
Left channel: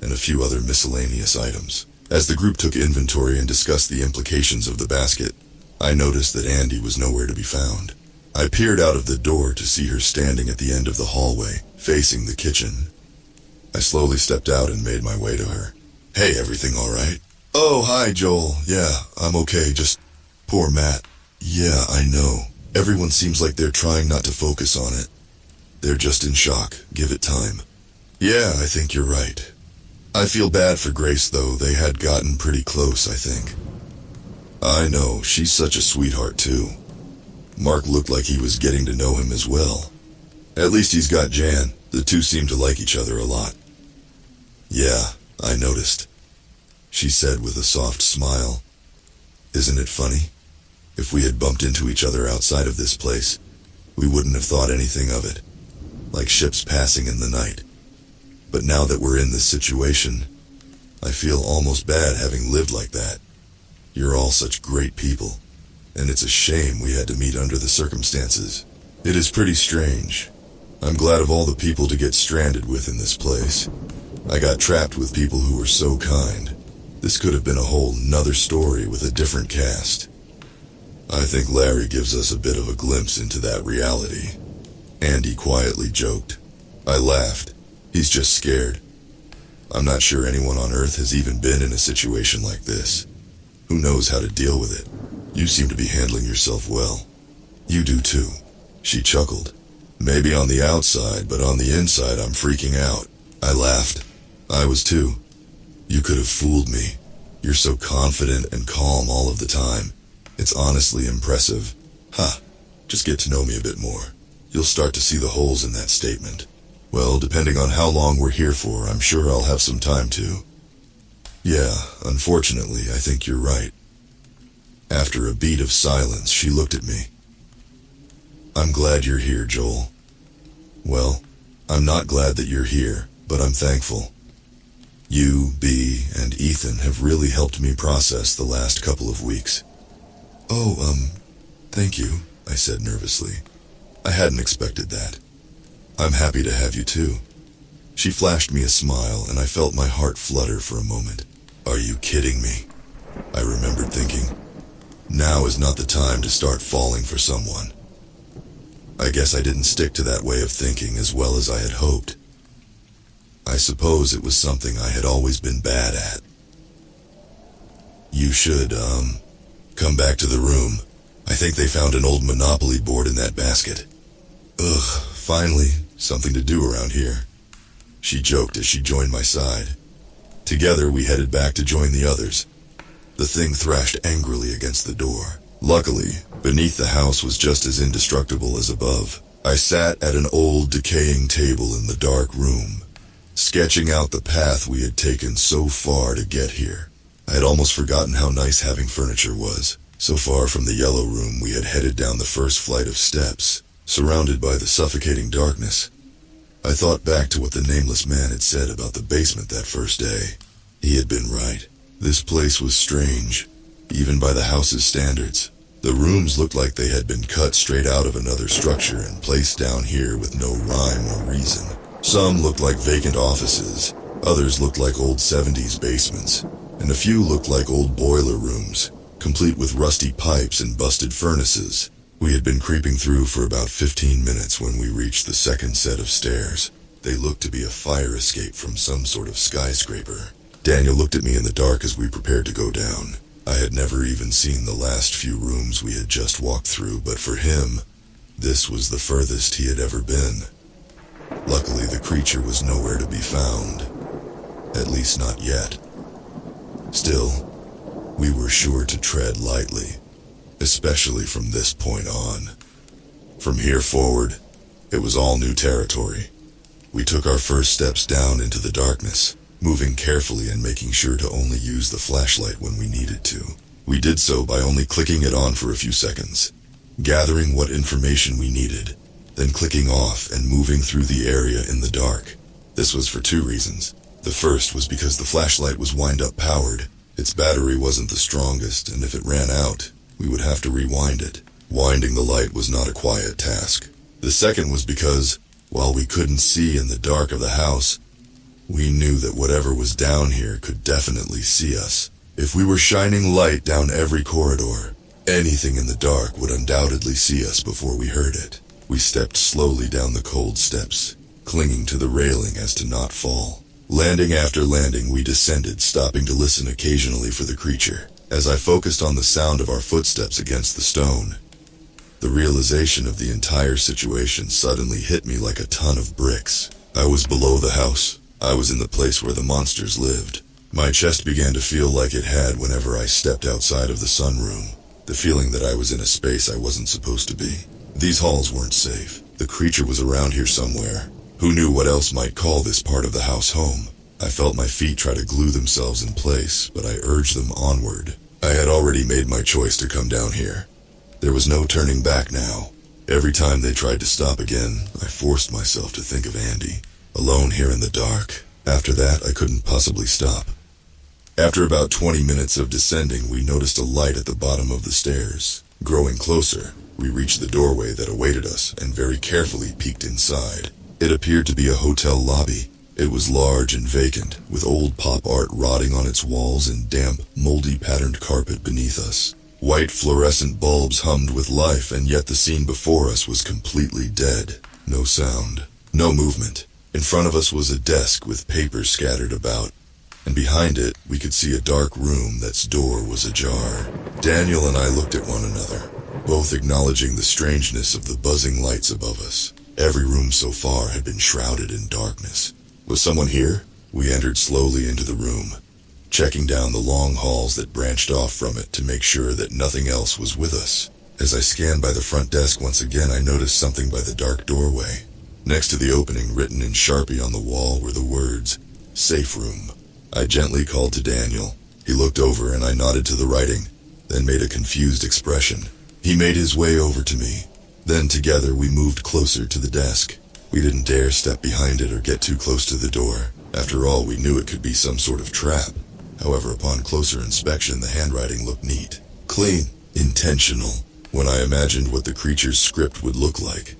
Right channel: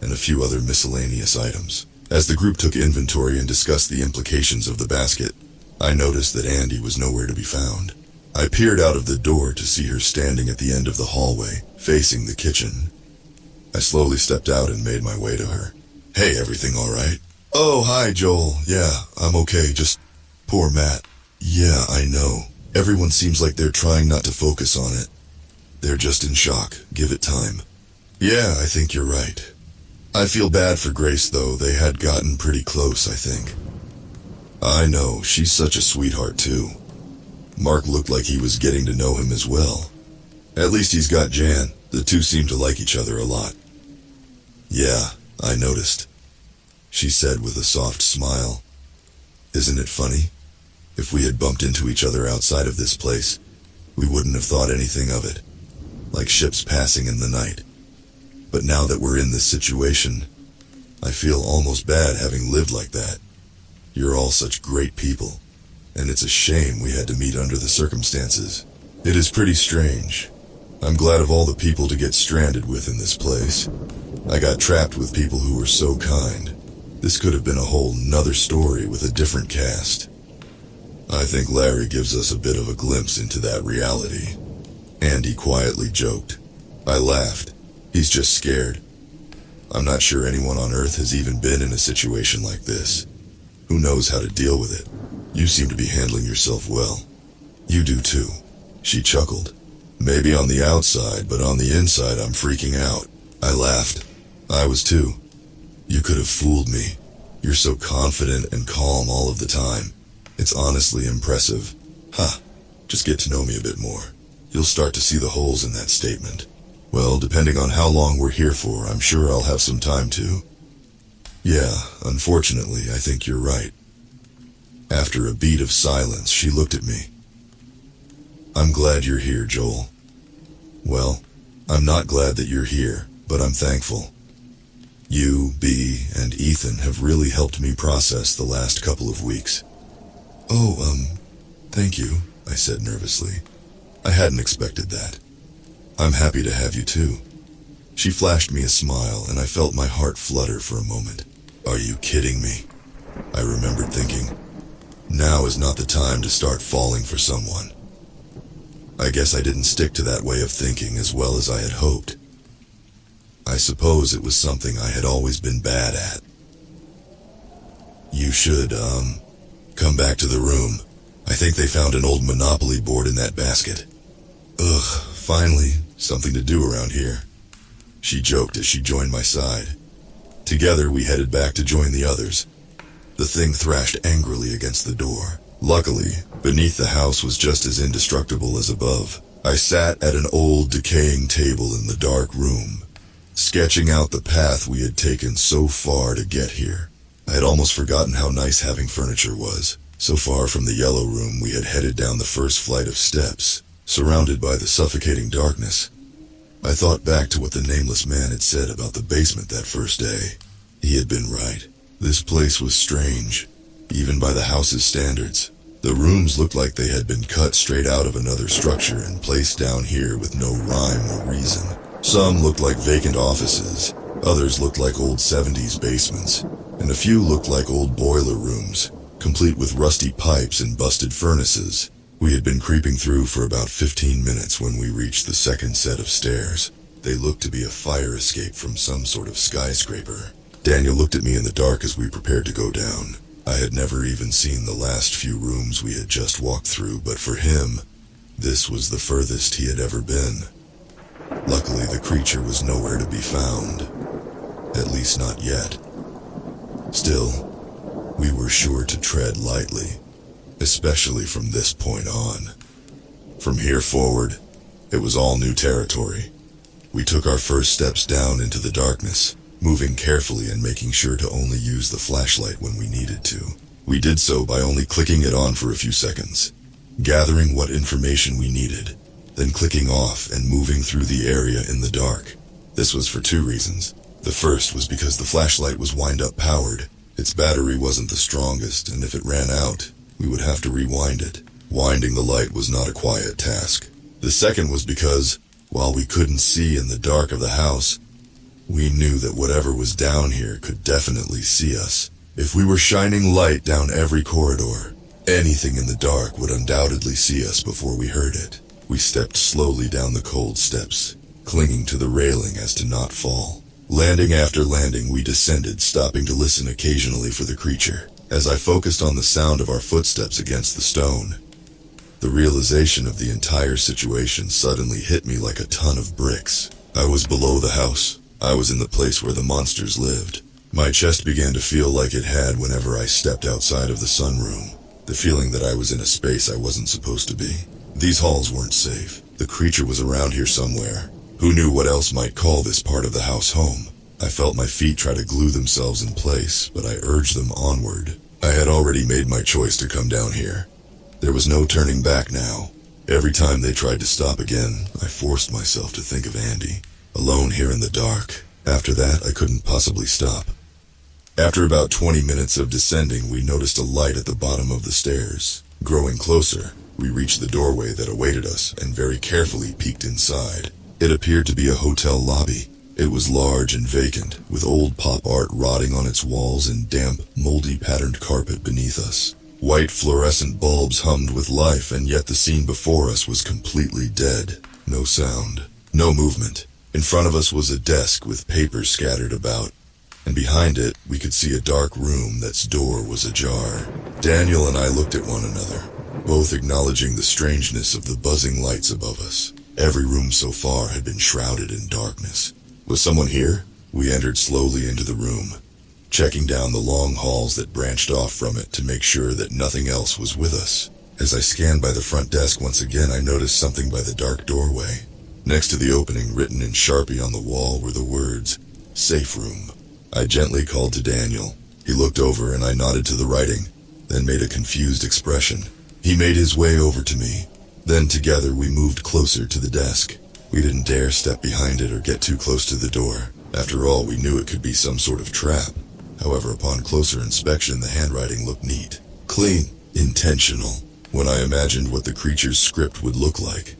and a few other miscellaneous items. As the group took inventory and discussed the implications of the basket, I noticed that Andy was nowhere to be found. I peered out of the door to see her standing at the end of the hallway, facing the kitchen. I slowly stepped out and made my way to her. "Hey, everything all right?" "Oh, hi, Joel. Yeah, I'm okay, just poor Matt." "Yeah, I know. Everyone seems like they're trying not to focus on it. They're just in shock. Give it time." "Yeah, I think you're right. I feel bad for Grace, though. They had gotten pretty close, I think." "I know. She's such a sweetheart, too. Mark looked like he was getting to know him as well. At least he's got Jan. The two seem to like each other a lot." "Yeah, I noticed," she said with a soft smile. "Isn't it funny? If we had bumped into each other outside of this place, we wouldn't have thought anything of it. Like ships passing in the night. But now that we're in this situation, I feel almost bad having lived like that. You're all such great people, and it's a shame we had to meet under the circumstances. It is pretty strange. I'm glad of all the people to get stranded with in this place. I got trapped with people who were so kind. This could have been a whole nother story with a different cast. I think Larry gives us a bit of a glimpse into that reality." Andy quietly joked. I laughed. "He's just scared. I'm not sure anyone on Earth has even been in a situation like this. Who knows how to deal with it? You seem to be handling yourself well." "You do too," she chuckled. "Maybe on the outside, but on the inside I'm freaking out." I laughed. "I was too. You could have fooled me. You're so confident and calm all of the time. It's honestly impressive." "Ha, just get to know me a bit more. You'll start to see the holes in that statement." "Well, depending on how long we're here for, I'm sure I'll have some time to." "Yeah, unfortunately, I think you're right." After a beat of silence, she looked at me. "I'm glad you're here, Joel." "Well, I'm not glad that you're here, but I'm thankful. You, Bea, and Ethan have really helped me process the last couple of weeks." "Oh, thank you," I said nervously. I hadn't expected that. "I'm happy to have you too." She flashed me a smile, and I felt my heart flutter for a moment. "Are you kidding me?" I remembered thinking. Now is not the time to start falling for someone. I guess I didn't stick to that way of thinking as well as I had hoped. I suppose it was something I had always been bad at. "You should, come back to the room. I think they found an old Monopoly board in that basket." "Ugh, finally, something to do around here," she joked as she joined my side. Together we headed back to join the others. The thing thrashed angrily against the door. Luckily, beneath the house was just as indestructible as above. I sat at an old, decaying table in the dark room, sketching out the path we had taken so far to get here. I had almost forgotten how nice having furniture was. So far from the yellow room, we had headed down the first flight of steps, surrounded by the suffocating darkness. I thought back to what the nameless man had said about the basement that first day. He had been right. This place was strange, even by the house's standards. The rooms looked like they had been cut straight out of another structure and placed down here with no rhyme or reason. Some looked like vacant offices, others looked like old 70s basements, and a few looked like old boiler rooms, complete with rusty pipes and busted furnaces. We had been creeping through for about 15 minutes when we reached the second set of stairs. They looked to be a fire escape from some sort of skyscraper. Daniel looked at me in the dark as we prepared to go down. I had never even seen the last few rooms we had just walked through, but for him, this was the furthest he had ever been. Luckily, the creature was nowhere to be found. At least not yet. Still, we were sure to tread lightly, especially from this point on. From here forward, it was all new territory. We took our first steps down into the darkness, moving carefully and making sure to only use the flashlight when we needed to. We did so by only clicking it on for a few seconds, gathering what information we needed, then clicking off and moving through the area in the dark. This was for two reasons. The first was because the flashlight was wind-up powered. Its battery wasn't the strongest, and if it ran out, we would have to rewind it. Winding the light was not a quiet task. The second was because, while we couldn't see in the dark of the house, we knew that whatever was down here could definitely see us. If we were shining light down every corridor, anything in the dark would undoubtedly see us before we heard it. We stepped slowly down the cold steps, clinging to the railing as to not fall. Landing after landing, we descended, stopping to listen occasionally for the creature. As I focused on the sound of our footsteps against the stone, the realization of the entire situation suddenly hit me like a ton of bricks. I was below the house. I was in the place where the monsters lived. My chest began to feel like it had whenever I stepped outside of the sunroom. The feeling that I was in a space I wasn't supposed to be. These halls weren't safe. The creature was around here somewhere. Who knew what else might call this part of the house home? I felt my feet try to glue themselves in place, but I urged them onward. I had already made my choice to come down here. There was no turning back now. Every time they tried to stop again, I forced myself to think of Andy, alone here in the dark. After that, I couldn't possibly stop. After about 20 minutes of descending, we noticed a light at the bottom of the stairs. Growing closer, we reached the doorway that awaited us and very carefully peeked inside. It appeared to be a hotel lobby. It was large and vacant, with old pop art rotting on its walls and damp, moldy patterned carpet beneath us. White fluorescent bulbs hummed with life, and yet the scene before us was completely dead. No sound, no movement. In front of us was a desk with papers scattered about, and behind it we could see a dark room that's door was ajar. Daniel and I looked at one another, both acknowledging the strangeness of the buzzing lights above us. Every room so far had been shrouded in darkness. Was someone here? We entered slowly into the room, checking down the long halls that branched off from it to make sure that nothing else was with us. As I scanned by the front desk once again, I noticed something by the dark doorway. Next to the opening, written in Sharpie on the wall, were the words, "Safe Room." I gently called to Daniel. He looked over and I nodded to the writing, then made a confused expression. He made his way over to me. Then together we moved closer to the desk. We didn't dare step behind it or get too close to the door. After all, we knew it could be some sort of trap. However, upon closer inspection, the handwriting looked neat, clean, intentional. When I imagined what the creature's script would look like,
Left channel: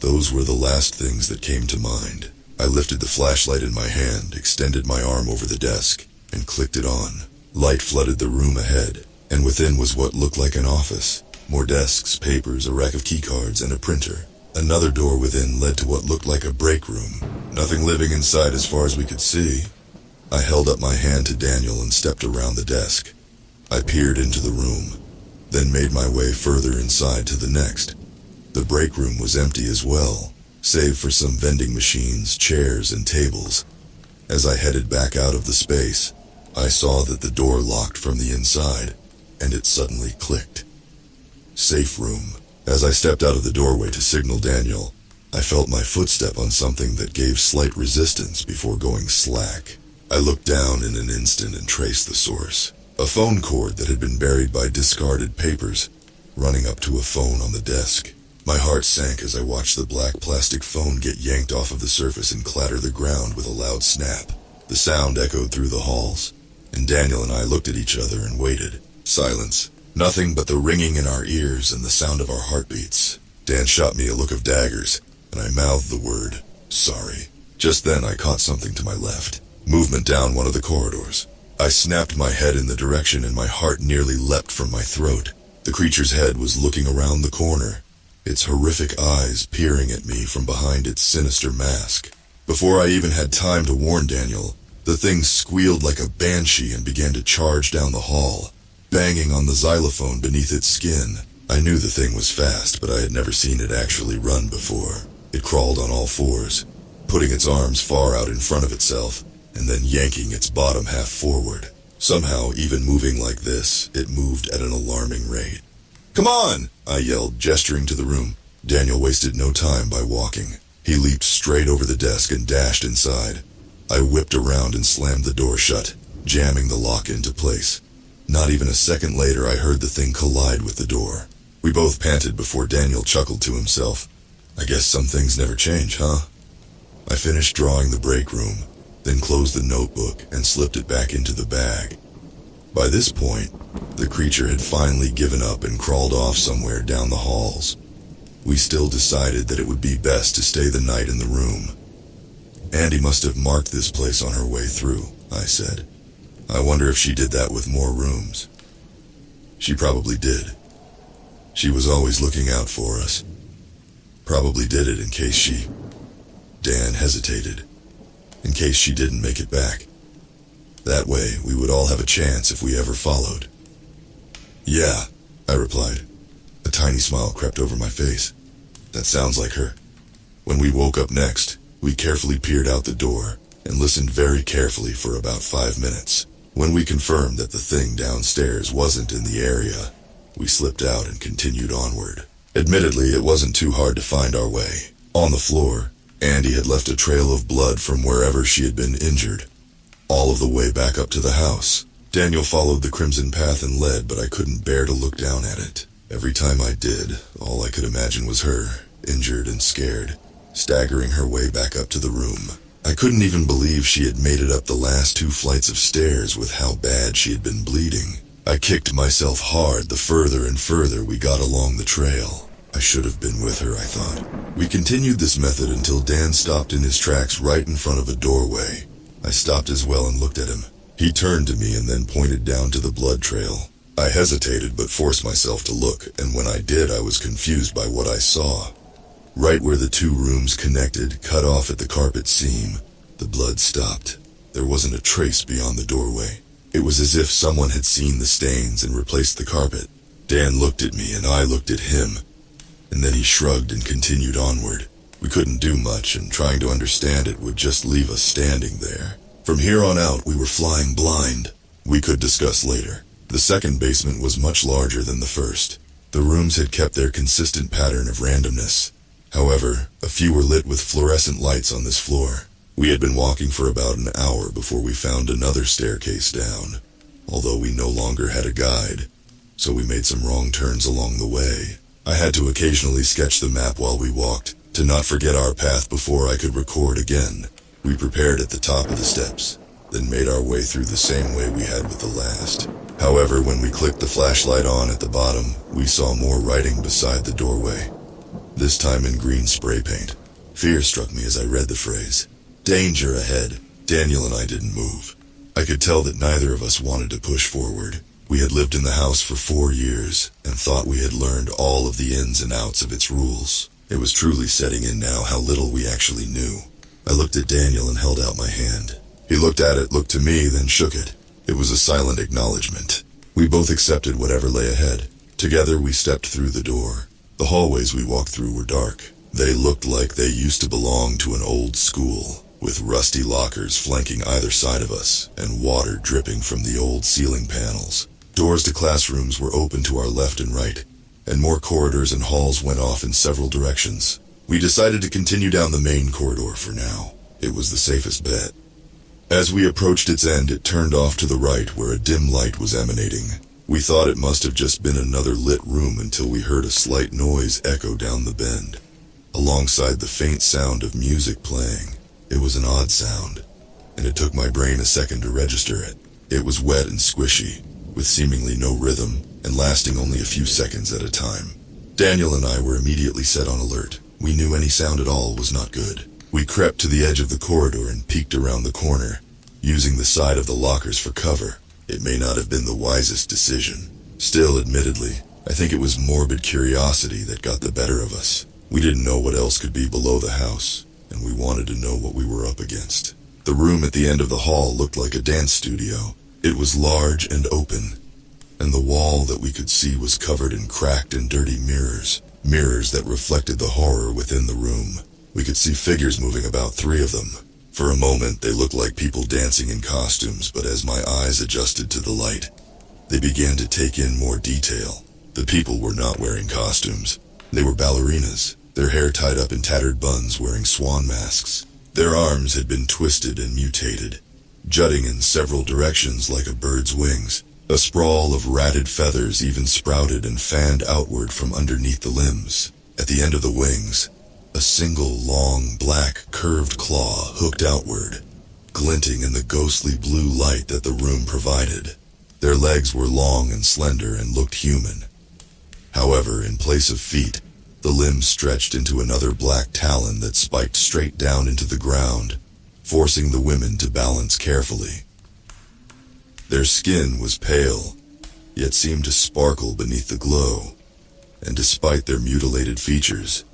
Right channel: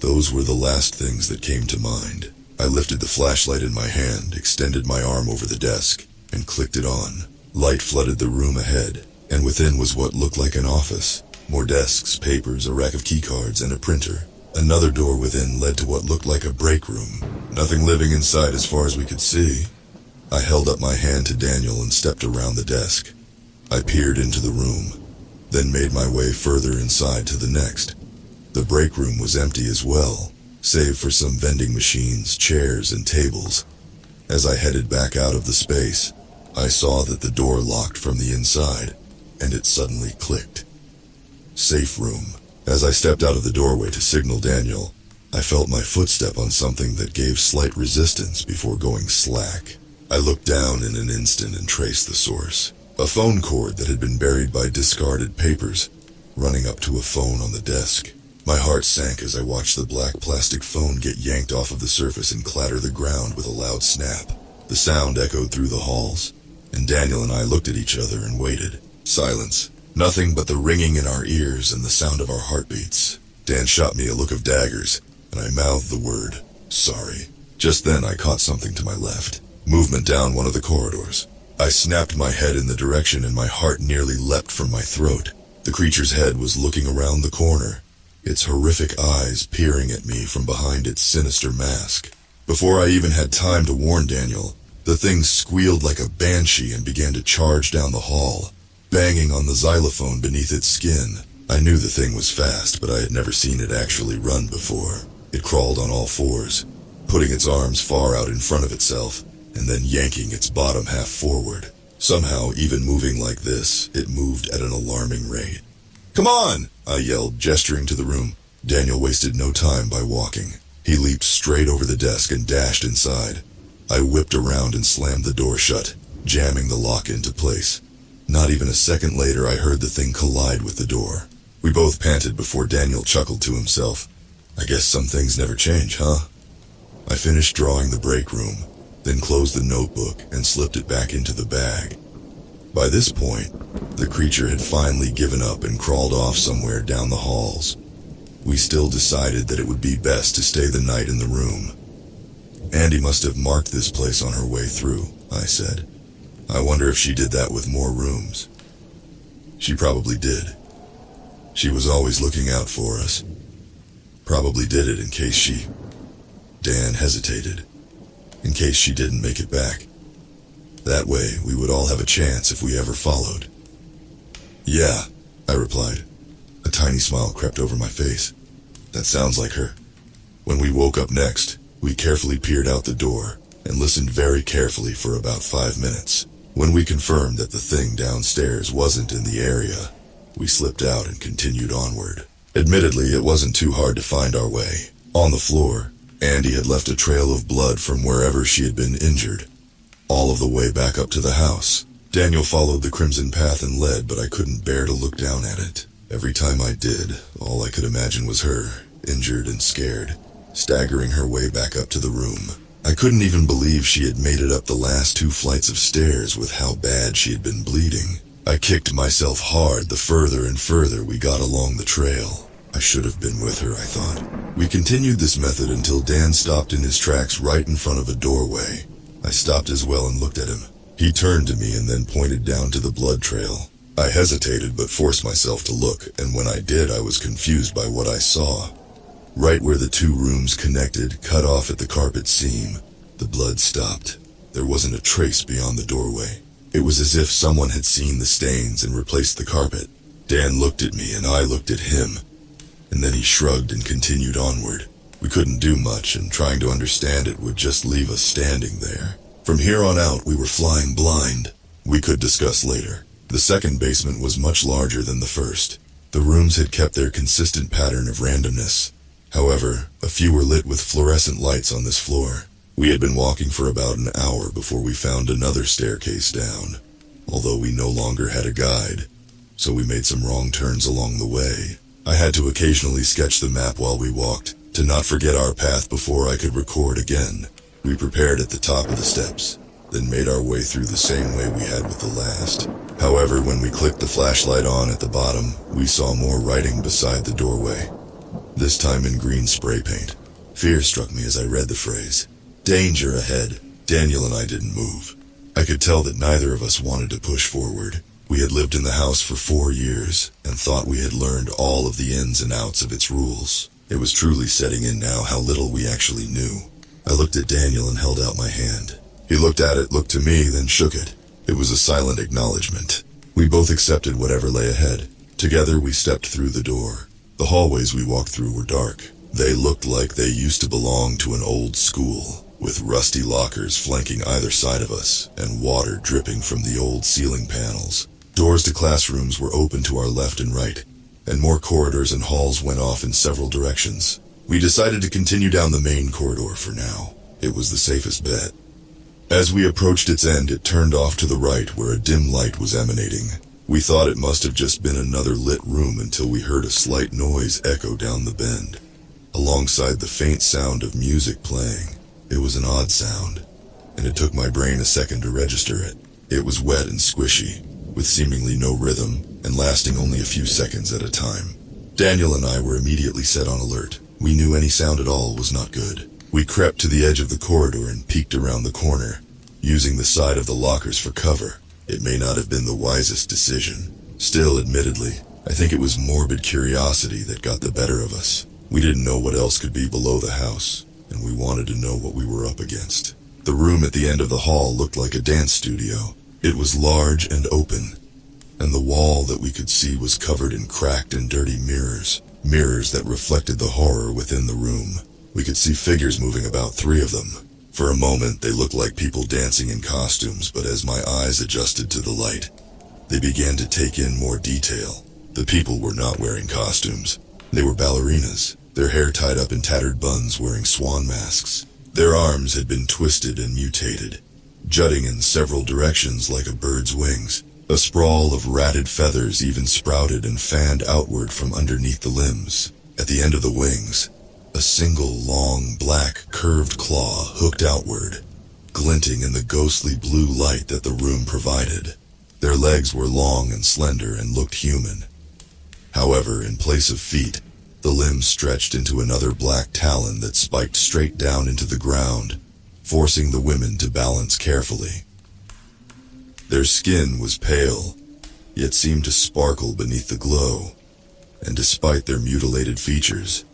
those were the last things that came to mind. I lifted the flashlight in my hand, extended my arm over the desk, and clicked it on. Light flooded the room ahead, and within was what looked like an office. More desks, papers, a rack of keycards, and a printer. Another door within led to what looked like a break room. Nothing living inside as far as we could see. I held up my hand to Daniel and stepped around the desk. I peered into the room, then made my way further inside to the next. The break room was empty as well, save for some vending machines, chairs, and tables. As I headed back out of the space, I saw that the door locked from the inside, and it suddenly clicked. Safe room. As I stepped out of the doorway to signal Daniel, I felt my footstep on something that gave slight resistance before going slack. I looked down in an instant and traced the source. A phone cord that had been buried by discarded papers, running up to a phone on the desk. My heart sank as I watched the black plastic phone get yanked off of the surface and clatter the ground with a loud snap. The sound echoed through the halls, and Daniel and I looked at each other and waited. Silence. Nothing but the ringing in our ears and the sound of our heartbeats. Dan shot me a look of daggers, and I mouthed the word, "Sorry." Just then I caught something to my left. Movement down one of the corridors. I snapped my head in the direction and my heart nearly leapt from my throat. The creature's head was looking around the corner, its horrific eyes peering at me from behind its sinister mask. Before I even had time to warn Daniel, The thing squealed like a banshee and began to charge down the hall, banging on the xylophone beneath its skin. I knew the thing was fast, but I had never seen it actually run before. It crawled on all fours, putting its arms far out in front of itself, and then yanking its bottom half forward. Somehow, even moving like this, it moved at an alarming rate. "Come on!" I yelled, gesturing to the room. Daniel wasted no time by walking. He leaped straight over the desk and dashed inside. I whipped around and slammed the door shut, jamming the lock into place. Not even a second later, I heard the thing collide with the door. We both panted before Daniel chuckled to himself. "I guess some things never change, huh?" I finished drawing the break room, then closed the notebook and slipped it back into the bag. By this point, the creature had finally given up and crawled off somewhere down the halls. We still decided that it would be best to stay the night in the room. "Andy must have marked this place on her way through," I said. "I wonder if she did that with more rooms." "She probably did. She was always looking out for us. Probably did it in case she..." Dan hesitated. "In case she didn't make it back. That way, we would all have a chance if we ever followed." "Yeah," I replied. A tiny smile crept over my face. "That sounds like her." When we woke up next, we carefully peered out the door and listened very carefully for about 5 minutes. When we confirmed that the thing downstairs wasn't in the area, we slipped out and continued onward. Admittedly, it wasn't too hard to find our way. On the floor, Andy had left a trail of blood from wherever she had been injured, all of the way back up to the house. Daniel followed the crimson path and led, but I couldn't bear to look down at it. Every time I did, all I could imagine was her, injured and scared, staggering her way back up to the room. I couldn't even believe she had made it up the last 2 flights of stairs with how bad she had been bleeding. I kicked myself hard the further and further we got along the trail. I should have been with her, I thought. We continued this method until Dan stopped in his tracks right in front of a doorway. I stopped as well and looked at him. He turned to me and then pointed down to the blood trail. I hesitated but forced myself to look, and when I did, I was confused by what I saw. Right where the 2 rooms connected, cut off at the carpet seam, the blood stopped. There wasn't a trace beyond the doorway. It was as if someone had seen the stains and replaced the carpet. Dan looked at me and I looked at him, and then he shrugged and continued onward. We couldn't do much, and trying to understand it would just leave us standing there. From here on out, we were flying blind. We could discuss later. The second basement was much larger than the first. The rooms had kept their consistent pattern of randomness. However, a few were lit with fluorescent lights on this floor. We had been walking for about an hour before we found another staircase down, although we no longer had a guide, so we made some wrong turns along the way. I had to occasionally sketch the map while we walked, to not forget our path before I could record again. We prepared at the top of the steps, then made our way through the same way we had with the last. However, when we clicked the flashlight on at the bottom, we saw more writing beside the doorway, this time in green spray paint. Fear struck me as I read the phrase. Danger ahead. Daniel and I didn't move. I could tell that neither of us wanted to push forward. We had lived in the house for 4 years and thought we had learned all of the ins and outs of its rules. It was truly setting in now how little we actually knew. I looked at Daniel and held out my hand. He looked at it, looked to me, then shook it. It was a silent acknowledgement. We both accepted whatever lay ahead. Together we stepped through the door. The hallways we walked through were dark. They looked like they used to belong to an old school, with rusty lockers flanking either side of us and water dripping from the old ceiling panels. Doors to classrooms were open to our left and right, and more corridors and halls went off in several directions. We decided to continue down the main corridor for now. It was the safest bet. As we approached its end, it turned off to the right where a dim light was emanating. We thought it must have just been another lit room until we heard a slight noise echo down the bend, alongside the faint sound of music playing. It was an odd sound, and it took my brain a second to register it. It was wet and squishy, with seemingly no rhythm, and lasting only a few seconds at a time. Daniel and I were immediately set on alert. We knew any sound at all was not good. We crept to the edge of the corridor and peeked around the corner, using the side of the lockers for cover. It may not have been the wisest decision. Still, admittedly, I think it was morbid curiosity that got the better of us. We didn't know what else could be below the house, and we wanted to know what we were up against. The room at the end of the hall looked like a dance studio. It was large and open, and the wall that we could see was covered in cracked and dirty mirrors. Mirrors that reflected the horror within the room. We could see figures moving, about 3 of them. For a moment, they looked like people dancing in costumes, but as my eyes adjusted to the light, they began to take in more detail. The people were not wearing costumes. They were ballerinas, their hair tied up in tattered buns, wearing swan masks. Their arms had been twisted and mutated, jutting in several directions like a bird's wings. A sprawl of ratted feathers even sprouted and fanned outward from underneath the limbs. At the end of the wings, a single long, black, curved claw hooked outward, glinting in the ghostly blue light that the room provided. Their legs were long and slender and looked human. However, in place of feet, the limbs stretched into another black talon that spiked straight down into the ground, forcing the women to balance carefully. Their skin was pale, yet seemed to sparkle beneath the glow, and despite their mutilated features,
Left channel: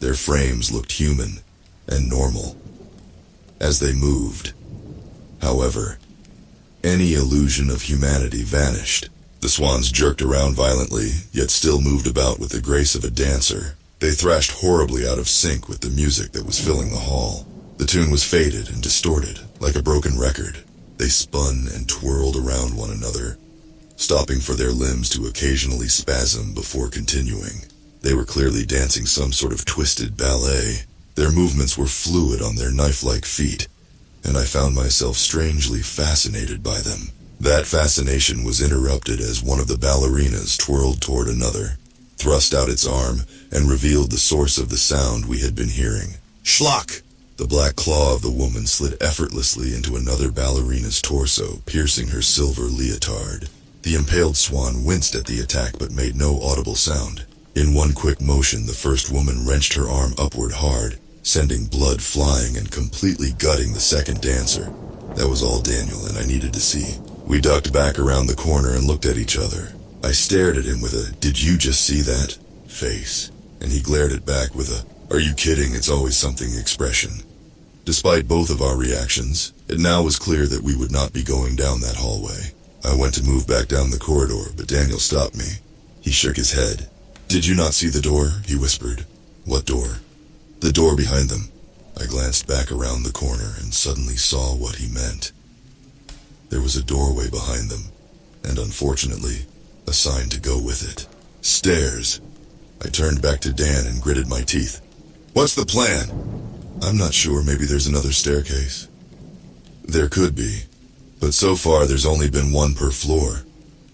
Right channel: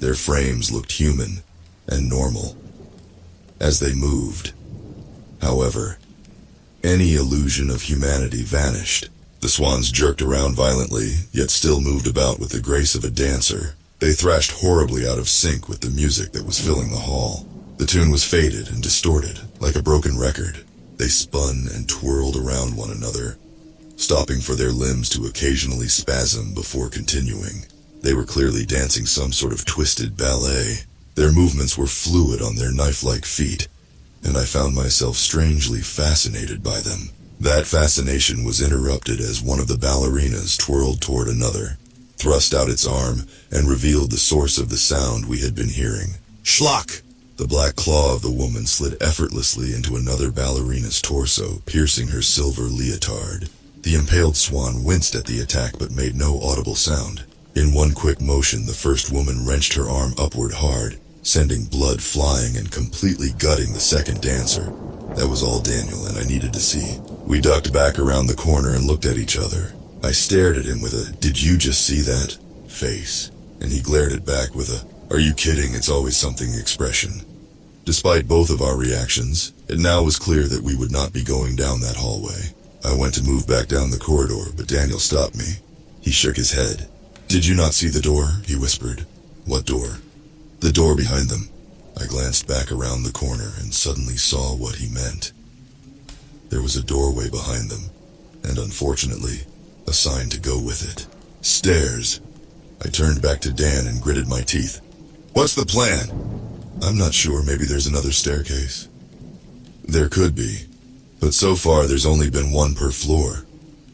their frames looked human and normal. As they moved, however, any illusion of humanity vanished. The swans jerked around violently, yet still moved about with the grace of a dancer. They thrashed horribly out of sync with the music that was filling the hall. The tune was faded and distorted, like a broken record. They spun and twirled around one another, stopping for their limbs to occasionally spasm before continuing. They were clearly dancing some sort of twisted ballet. Their movements were fluid on their knife-like feet, and I found myself strangely fascinated by them. That fascination was interrupted as one of the ballerinas twirled toward another, thrust out its arm, and revealed the source of the sound we had been hearing. Schlock! The black claw of the woman slid effortlessly into another ballerina's torso, piercing her silver leotard. The impaled swan winced at the attack but made no audible sound. In one quick motion, the first woman wrenched her arm upward hard, sending blood flying and completely gutting the second dancer. That was all Daniel and I needed to see. We ducked back around the corner and looked at each other. I stared at him with a, "Did you just see that?" face, and he glared it back with a, "Are you kidding, it's always something" expression. Despite both of our reactions, it now was clear that we would not be going down that hallway. I went to move back down the corridor, but Daniel stopped me. He shook his head. "Did you not see the door?" he whispered. "What door?" "The door behind them." I glanced back around the corner and suddenly saw what he meant. There was a doorway behind them, and unfortunately, a sign to go with it. Stairs. I turned back to Dan and gritted my teeth. "What's the plan?" "I'm not sure, maybe there's another staircase." "There could be, but so far there's only been one per floor.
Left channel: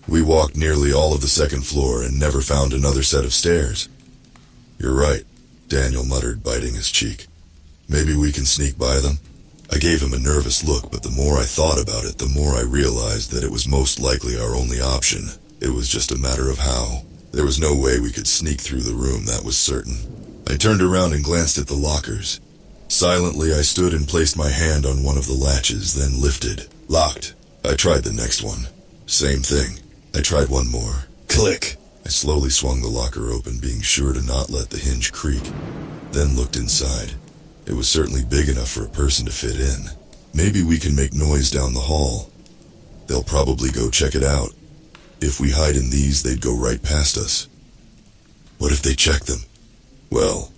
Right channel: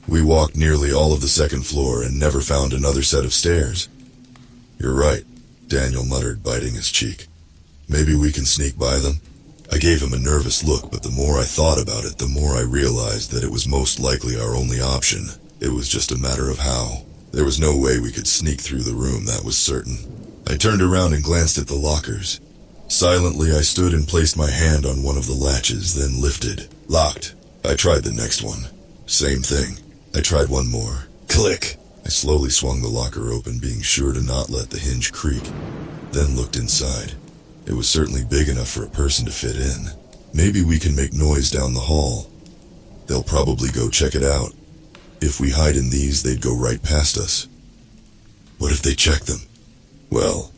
We walked nearly all of the second floor and never found another set of stairs." "You're right," Daniel muttered, biting his cheek. "Maybe we can sneak by them?" I gave him a nervous look, but the more I thought about it, the more I realized that it was most likely our only option. It was just a matter of how. There was no way we could sneak through the room, that was certain. I turned around and glanced at the lockers. Silently, I stood and placed my hand on one of the latches, then lifted. Locked. I tried the next one. Same thing. I tried one more. Click. I slowly swung the locker open, being sure to not let the hinge creak, then looked inside. It was certainly big enough for a person to fit in. Maybe we can make noise down the hall. They'll probably go check it out. If we hide in these, they'd go right past us. What if they check them? Well,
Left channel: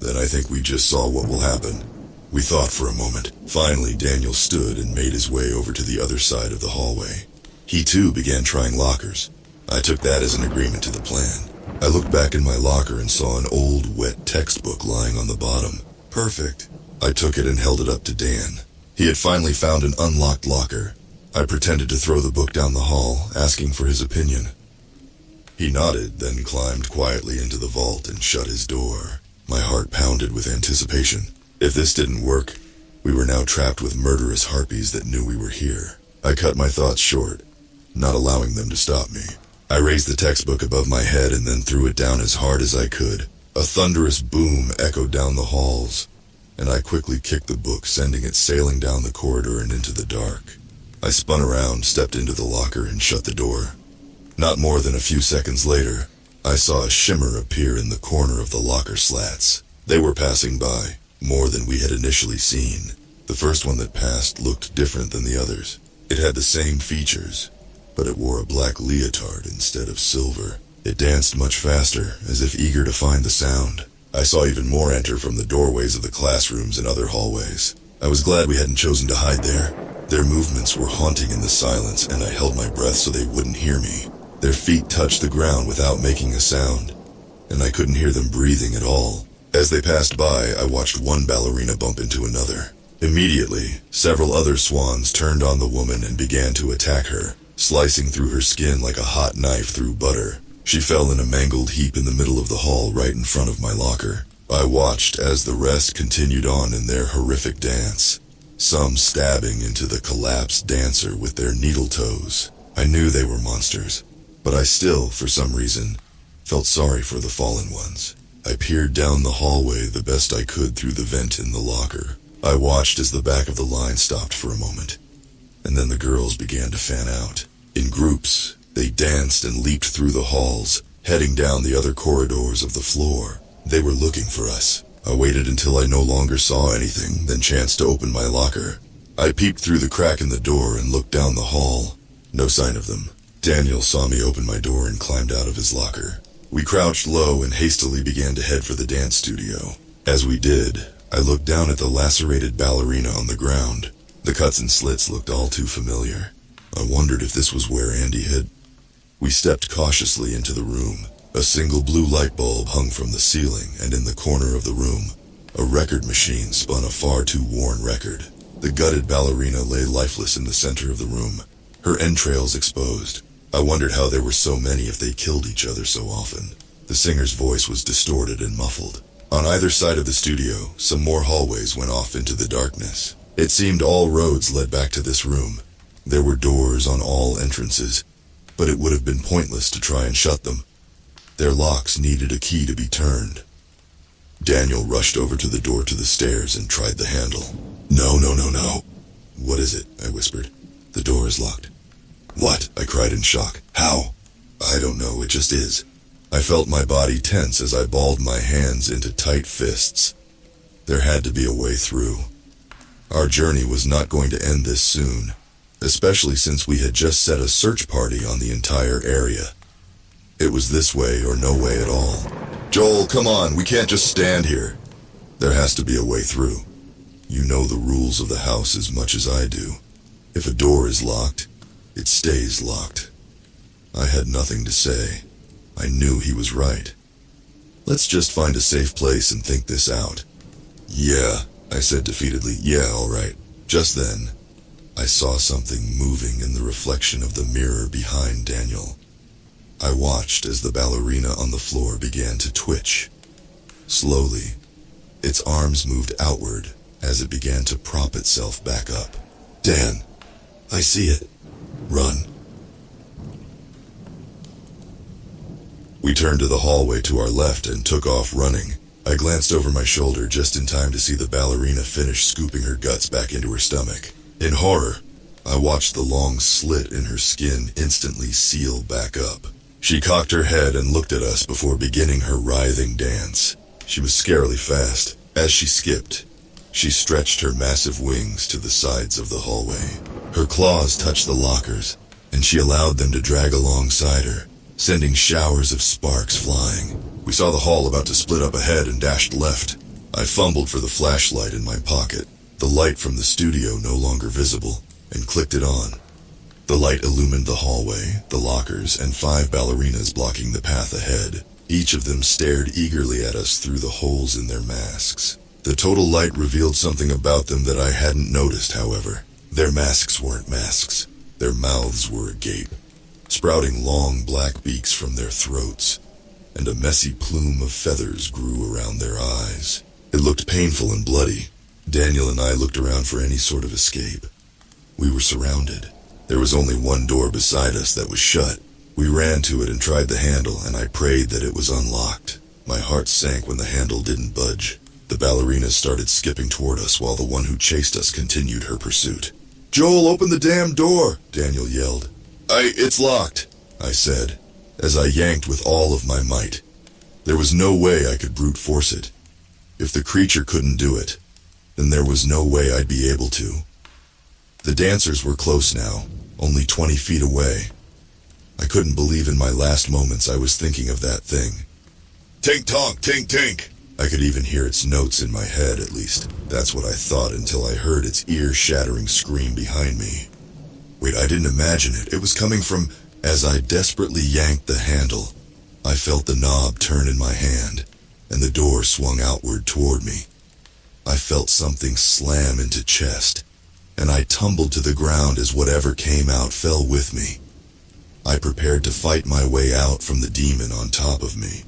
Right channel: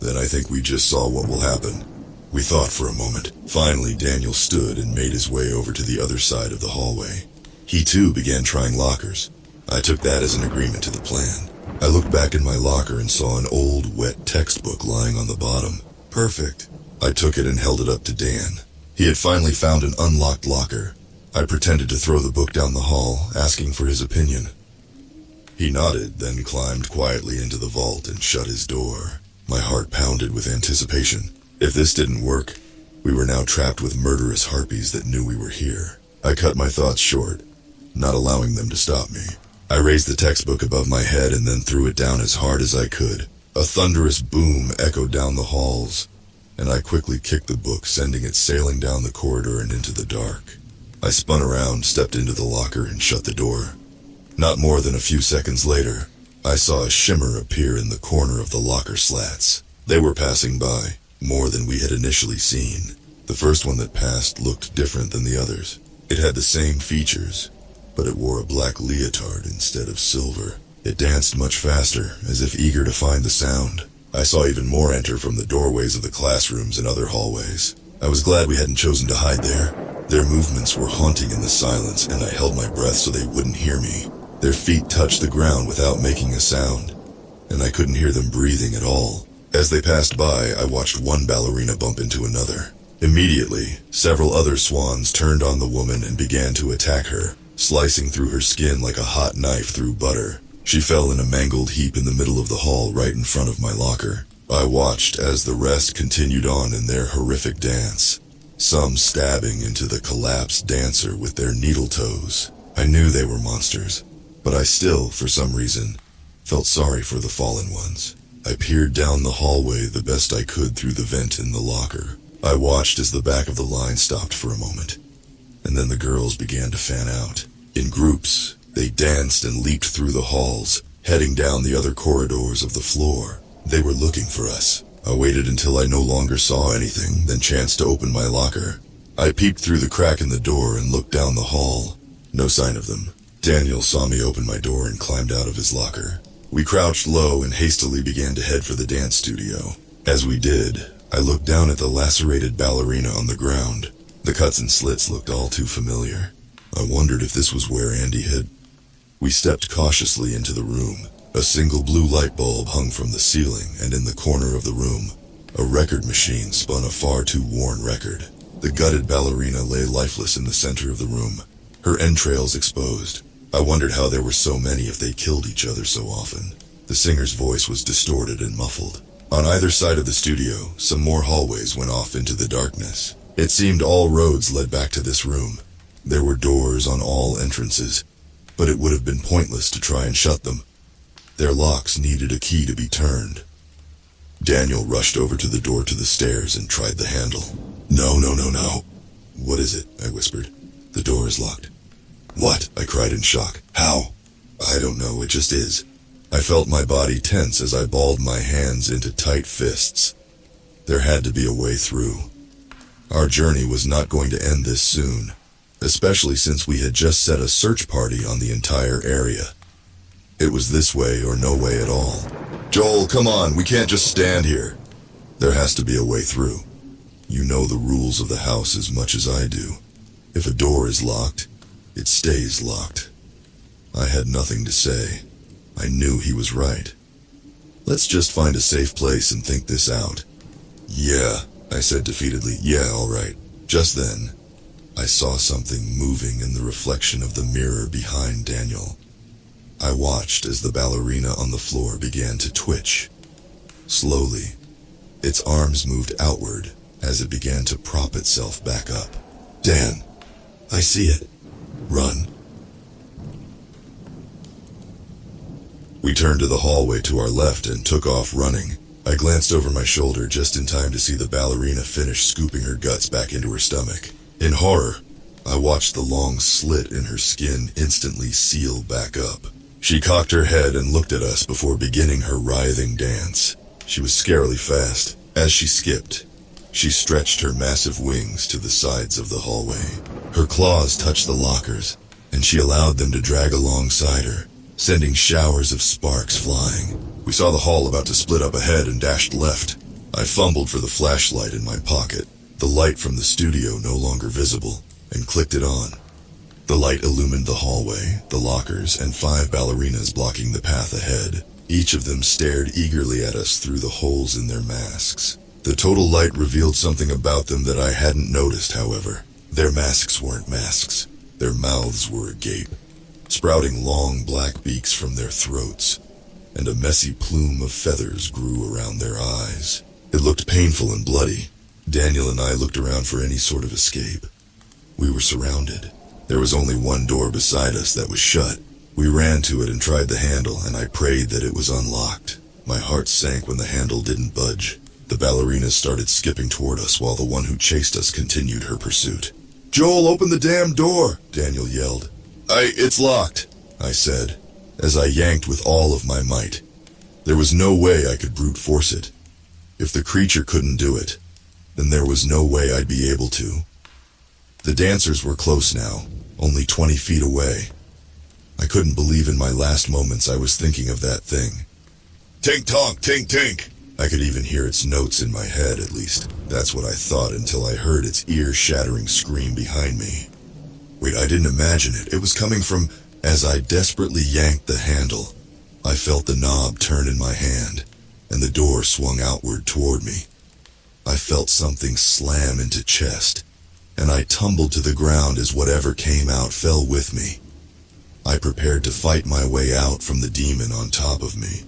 then I think we just saw what will happen. We thought for a moment. Finally, Daniel stood and made his way over to the other side of the hallway. He too began trying lockers. I took that as an agreement to the plan. I looked back in my locker and saw an old, wet textbook lying on the bottom. Perfect. I took it and held it up to Dan. He had finally found an unlocked locker. I pretended to throw the book down the hall, asking for his opinion. He nodded, then climbed quietly into the vault and shut his door. My heart pounded with anticipation. If this didn't work, we were now trapped with murderous harpies that knew we were here. I cut my thoughts short, not allowing them to stop me. I raised the textbook above my head and then threw it down as hard as I could. A thunderous boom echoed down the halls, and I quickly kicked the book, sending it sailing down the corridor and into the dark. I spun around, stepped into the locker, and shut the door. Not more than a few seconds later, I saw a shimmer appear in the corner of the locker slats. They were passing by, more than we had initially seen. The first one that passed looked different than the others. It had the same features, but it wore a black leotard instead of silver. It danced much faster, as if eager to find the sound. I saw even more enter from the doorways of the classrooms and other hallways. I was glad we hadn't chosen to hide there. Their movements were haunting in the silence, and I held my breath so they wouldn't hear me. Their feet touched the ground without making a sound, and I couldn't hear them breathing at all. As they passed by, I watched one ballerina bump into another. Immediately, several other swans turned on the woman and began to attack her, slicing through her skin like a hot knife through butter. She fell in a mangled heap in the middle of the hall right in front of my locker. I watched as the rest continued on in their horrific dance, some stabbing into the collapsed dancer with their needle toes. I knew they were monsters, but I still, for some reason, felt sorry for the fallen ones. I peered down the hallway the best I could through the vent in the locker. I watched as the back of the line stopped for a moment, and then the girls began to fan out. In groups, they danced and leaped through the halls, heading down the other corridors of the floor. They were looking for us. I waited until I no longer saw anything, then chanced to open my locker. I peeped through the crack in the door and looked down the hall. No sign of them. Daniel saw me open my door and climbed out of his locker. We crouched low and hastily began to head for the dance studio. As we did, I looked down at the lacerated ballerina on the ground. The cuts and slits looked all too familiar. I wondered if this was where Andy had... We stepped cautiously into the room. A single blue light bulb hung from the ceiling, and in the corner of the room, a record machine spun a far too worn record. The gutted ballerina lay lifeless in the center of the room, her entrails exposed. I wondered how there were so many if they killed each other so often. The singer's voice was distorted and muffled. On either side of the studio, some more hallways went off into the darkness. It seemed all roads led back to this room. There were doors on all entrances, but it would have been pointless to try and shut them. Their locks needed a key to be turned. Daniel rushed over to the door to the stairs and tried the handle. No. What is it? I whispered. The door is locked. What? I cried in shock. How? I don't know, it just is. I felt my body tense as I balled my hands into tight fists. There had to be a way through. Our journey was not going to end this soon, especially since we had just set a search party on the entire area. It was this way or no way at all. Joel, come on, we can't just stand here. There has to be a way through. You know the rules of the house as much as I do. If a door is locked, it stays locked. I had nothing to say. I knew he was right. Let's just find a safe place and think this out. Yeah, I said defeatedly. Yeah, all right. Just then, I saw something moving in the reflection of the mirror behind Daniel. I watched as the ballerina on the floor began to twitch. Slowly, its arms moved outward as it began to prop itself back up. Dan, I see it. Run. We turned to the hallway to our left and took off running. I glanced over my shoulder just in time to see the ballerina finish scooping her guts back into her stomach. In horror, I watched the long slit in her skin instantly seal back up. She cocked her head and looked at us before beginning her writhing dance. She was scarily fast. As she skipped, she stretched her massive wings to the sides of the hallway. Her claws touched the lockers, and she allowed them to drag alongside her, sending showers of sparks flying. We saw the hall about to split up ahead and dashed left. I fumbled for the flashlight in my pocket, the light from the studio no longer visible, and clicked it on. The light illumined the hallway, the lockers, and 5 ballerinas blocking the path ahead. Each of them stared eagerly at us through the holes in their masks. The total light revealed something about them that I hadn't noticed, however. Their masks weren't masks. Their mouths were agape, sprouting long black beaks from their throats, and a messy plume of feathers grew around their eyes. It looked painful and bloody. Daniel and I looked around for any sort of escape. We were surrounded. There was only one door beside us that was shut. We ran to it and tried the handle, and I prayed that it was unlocked. My heart sank when the handle didn't budge. The ballerinas started skipping toward us while the one who chased us continued her pursuit. "Joel, open the damn door!" Daniel yelled. It's locked," I said, as I yanked with all of my might. There was no way I could brute force it. If the creature couldn't do it, then there was no way I'd be able to. The dancers were close now, only 20 feet away. I couldn't believe in my last moments I was thinking of that thing. Tink-tonk, tink-tink! I could even hear its notes in my head, at least. That's what I thought until I heard its ear-shattering scream behind me. Wait, I didn't imagine it. It was coming from... As I desperately yanked the handle, I felt the knob turn in my hand, and the door swung outward toward me. I felt something slam into chest, and I tumbled to the ground as whatever came out fell with me. I prepared to fight my way out from the demon on top of me,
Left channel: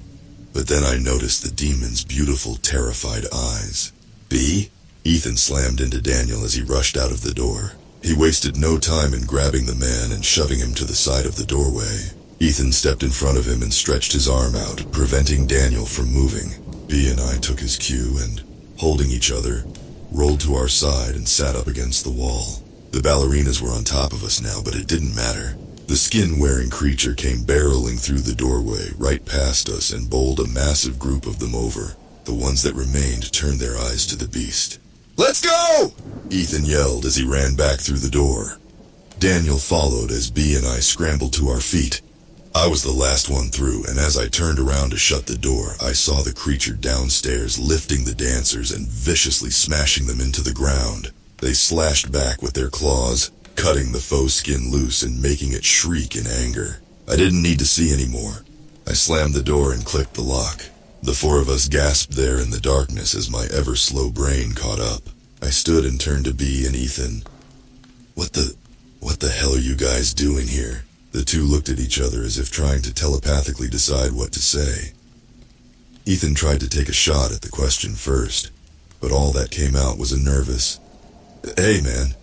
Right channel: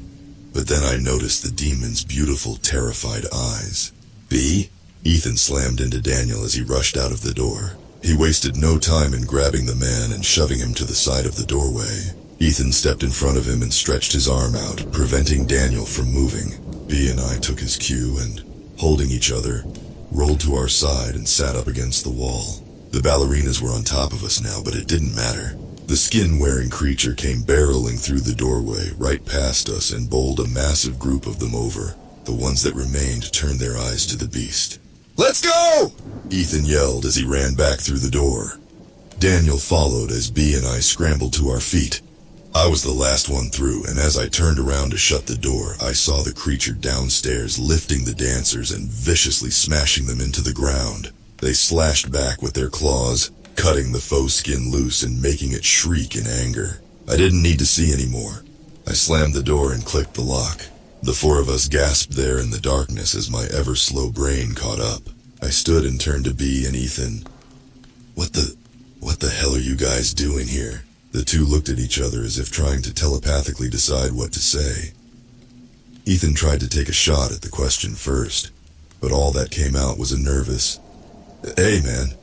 but then I noticed the demon's beautiful, terrified eyes. B? Ethan slammed into Daniel as he rushed out of the door. He wasted no time in grabbing the man and shoving him to the side of the doorway. Ethan stepped in front of him and stretched his arm out, preventing Daniel from moving. B and I took his cue and, holding each other, rolled to our side and sat up against the wall. The ballerinas were on top of us now, but it didn't matter. The skin-wearing creature came barreling through the doorway, right past us, and bowled a massive group of them over. The ones that remained turned their eyes to the beast. "Let's go!" Ethan yelled as he ran back through the door. Daniel followed as B and I scrambled to our feet. I was the last one through, and as I turned around to shut the door, I saw the creature downstairs lifting the dancers and viciously smashing them into the ground. They slashed back with their claws, cutting the faux skin loose and making it shriek in anger. I didn't need to see anymore. I slammed the door and clicked the lock. The four of us gasped there in the darkness as my ever-slow brain caught up. I stood and turned to B and Ethan. What the hell are you guys doing here?" The two looked at each other as if trying to telepathically decide what to say. Ethan tried to take a shot at the question first, but all that came out was a nervous, "Hey man,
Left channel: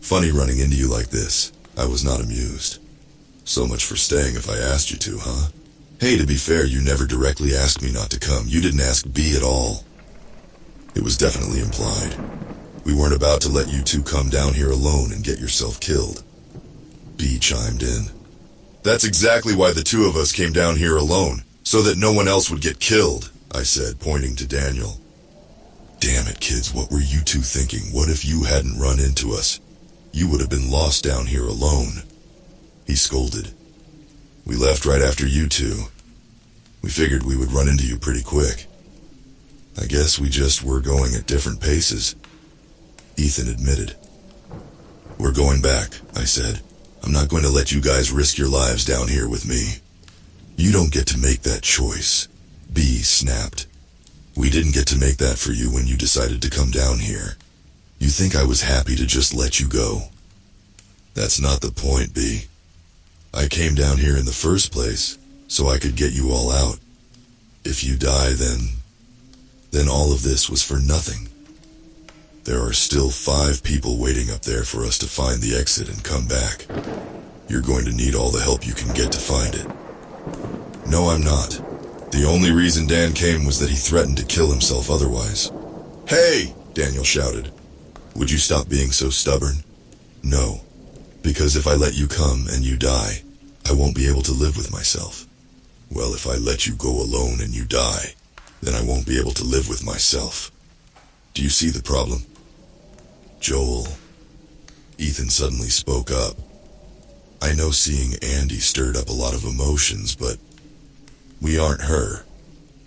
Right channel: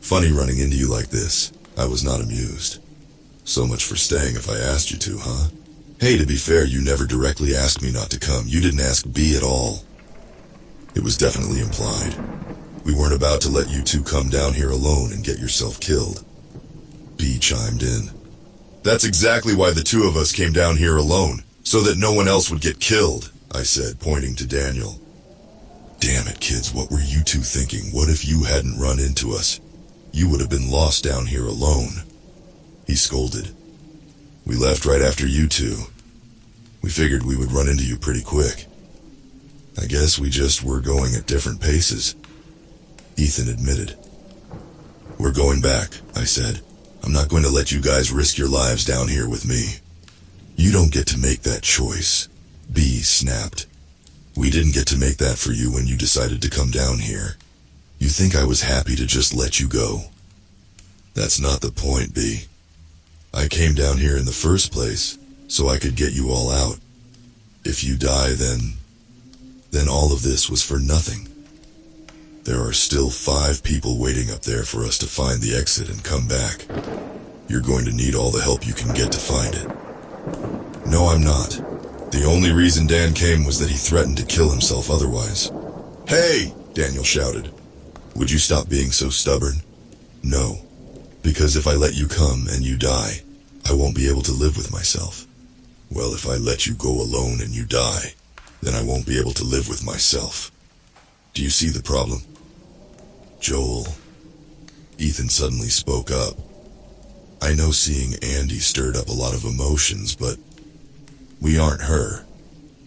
funny running into you like this." I was not amused. "So much for staying if I asked you to, huh? Hey, to be fair, you never directly asked me not to come. You didn't ask B at all." It was definitely implied. We weren't about to let you two come down here alone and get yourself killed. B chimed in. "That's exactly why the two of us came down here alone, so that no one else would get killed," I said, pointing to Daniel. "Damn it, kids, what were you two thinking? What if you hadn't run into us? You would have been lost down here alone," he scolded. "We left right after you two. We figured we would run into you pretty quick. I guess we just were going at different paces," Ethan admitted. "We're going back," I said. "I'm not going to let you guys risk your lives down here with me." "You don't get to make that choice," B snapped. "We didn't get to make that for you when you decided to come down here. You think I was happy to just let you go? That's not the point, B. I came down here in the first place, so I could get you all out. If you die, then all of this was for nothing. There are still 5 people waiting up there for us to find the exit and come back. You're going to need all the help you can get to find it." "No, I'm not. The only reason Dan came was that he threatened to kill himself otherwise." "Hey!" Daniel shouted. "Would you stop being so stubborn?" "No. Because if I let you come and you die, I won't be able to live with myself." "Well, if I let you go alone and you die, then I won't be able to live with myself. Do you see the problem?" "Joel," Ethan suddenly spoke up. "I know seeing Andy stirred up a lot of emotions, but we aren't her.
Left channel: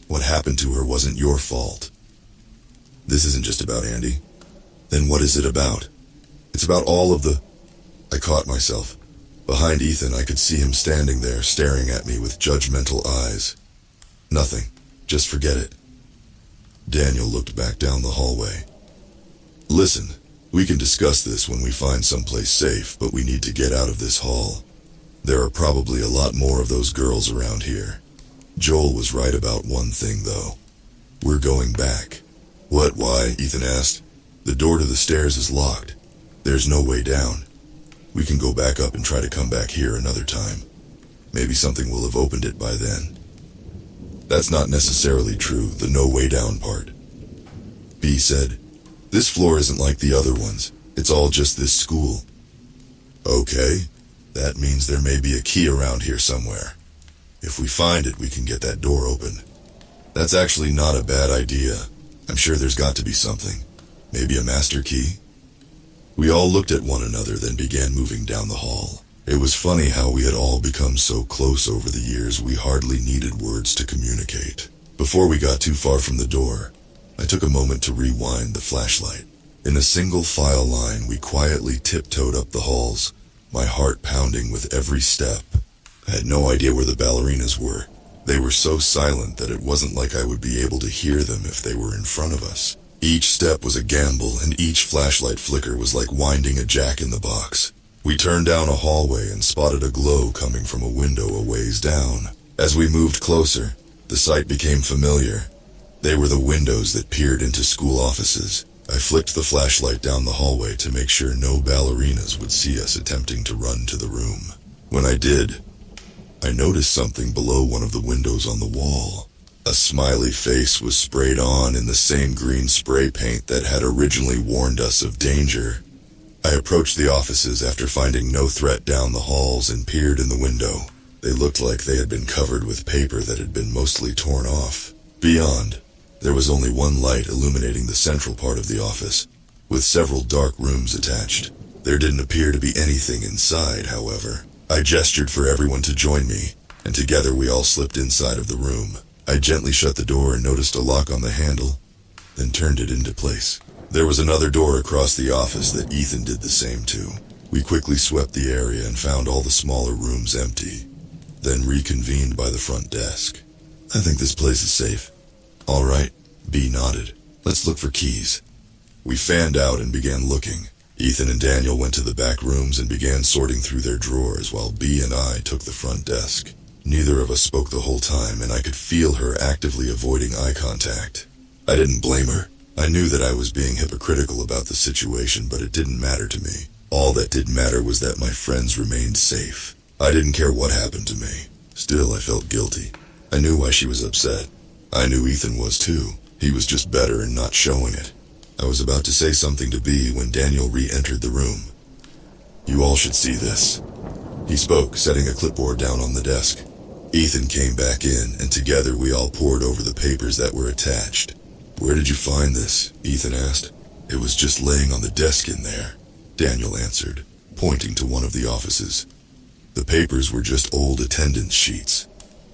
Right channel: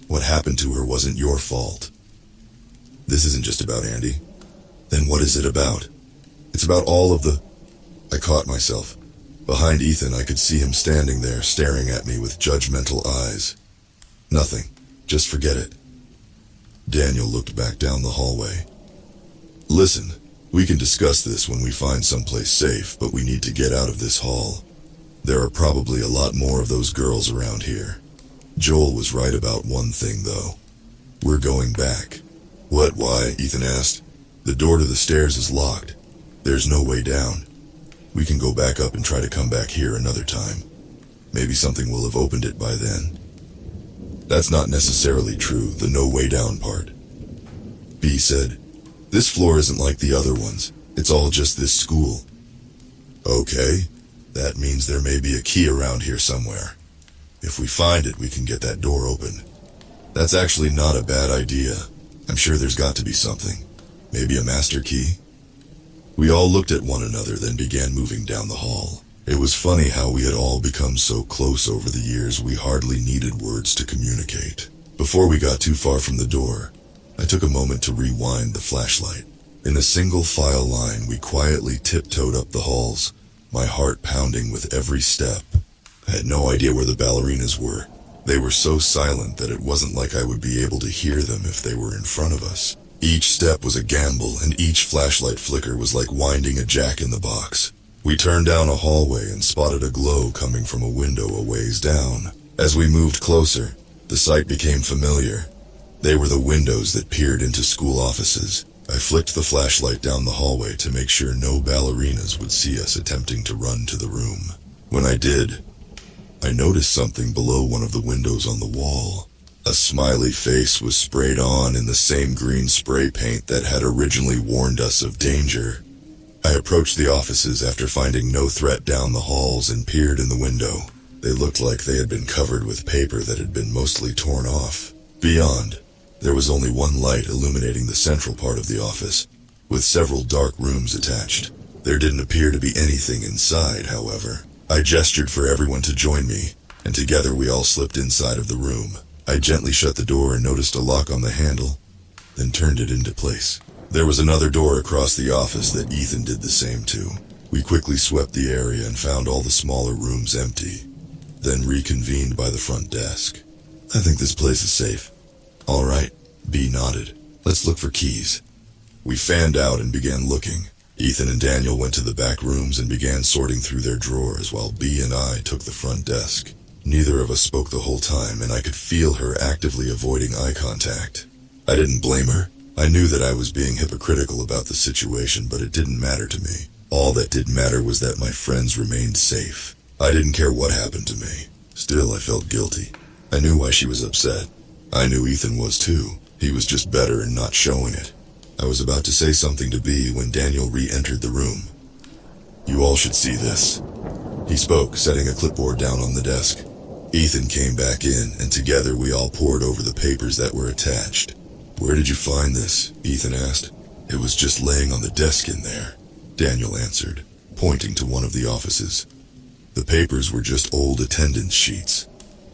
What happened to her wasn't your fault." "This isn't just about Andy. Then what is it about?" "It's about all of the..." I caught myself. Behind Ethan, I could see him standing there, staring at me with judgmental eyes. "Nothing. Just forget it." Daniel looked back down the hallway. "Listen, we can discuss this when we find someplace safe, but we need to get out of this hall. There are probably a lot more of those girls around here." Joel was right about one thing, though. "We're going back." "What, why?" Ethan asked. "The door to the stairs is locked. There's no way down. We can go back up and try to come back here another time. Maybe something will have opened it by then." "That's not necessarily true, the no way down part." B said, "This floor isn't like the other ones. It's all just this school." "Okay, that means there may be a key around here somewhere. If we find it, we can get that door open." "That's actually not a bad idea. I'm sure there's got to be something." Maybe a master key? We all looked at one another, then began moving down the hall. It was funny how we had all become so close over the years we hardly needed words to communicate. Before we got too far from the door, I took a moment to rewind the flashlight. In a single file line, we quietly tiptoed up the halls, my heart pounding with every step. I had no idea where the ballerinas were. They were so silent that it wasn't like I would be able to hear them if they were in front of us. Each step was a gamble, and each flashlight flicker was like winding a jack in the box. We turned down a hallway and spotted a glow coming from a window a ways down. As we moved closer, the sight became familiar. They were the windows that peered into school offices. I flicked the flashlight down the hallway to make sure no ballerinas would see us attempting to run to the room. When I did, I noticed something below one of the windows on the wall. A smiley face was sprayed on in the same green spray paint that had originally warned us of danger. I approached the offices after finding no threat down the halls and peered in the window. They looked like they had been covered with paper that had been mostly torn off. Beyond, there was only one light illuminating the central part of the office, with several dark rooms attached. There didn't appear to be anything inside, however. I gestured for everyone to join me, and together we all slipped inside of the room. I gently shut the door and noticed a lock on the handle, then turned it into place. There was another door across the office that Ethan did the same to. We quickly swept the area and found all the smaller rooms empty, then reconvened by the front desk. I think this place is safe. All right, B nodded. Let's look for keys. We fanned out and began looking. Ethan and Daniel went to the back rooms and began sorting through their drawers while B and I took the front desk. Neither of us spoke the whole time, and I could feel her actively avoiding eye contact. I didn't blame her. I knew that I was being hypocritical about the situation, but it didn't matter to me. All that did matter was that my friends remained safe. I didn't care what happened to me. Still, I felt guilty. I knew why she was upset. I knew Ethan was too. He was just better in not showing it. I was about to say something to B when Daniel re-entered the room. You all should see this. He spoke, setting a clipboard down on the desk. Ethan came back in, and together we all pored over the papers that were attached. Where did you find this? Ethan asked. It was just laying on the desk in there, Daniel answered, pointing to one of the offices. The papers were just old attendance sheets.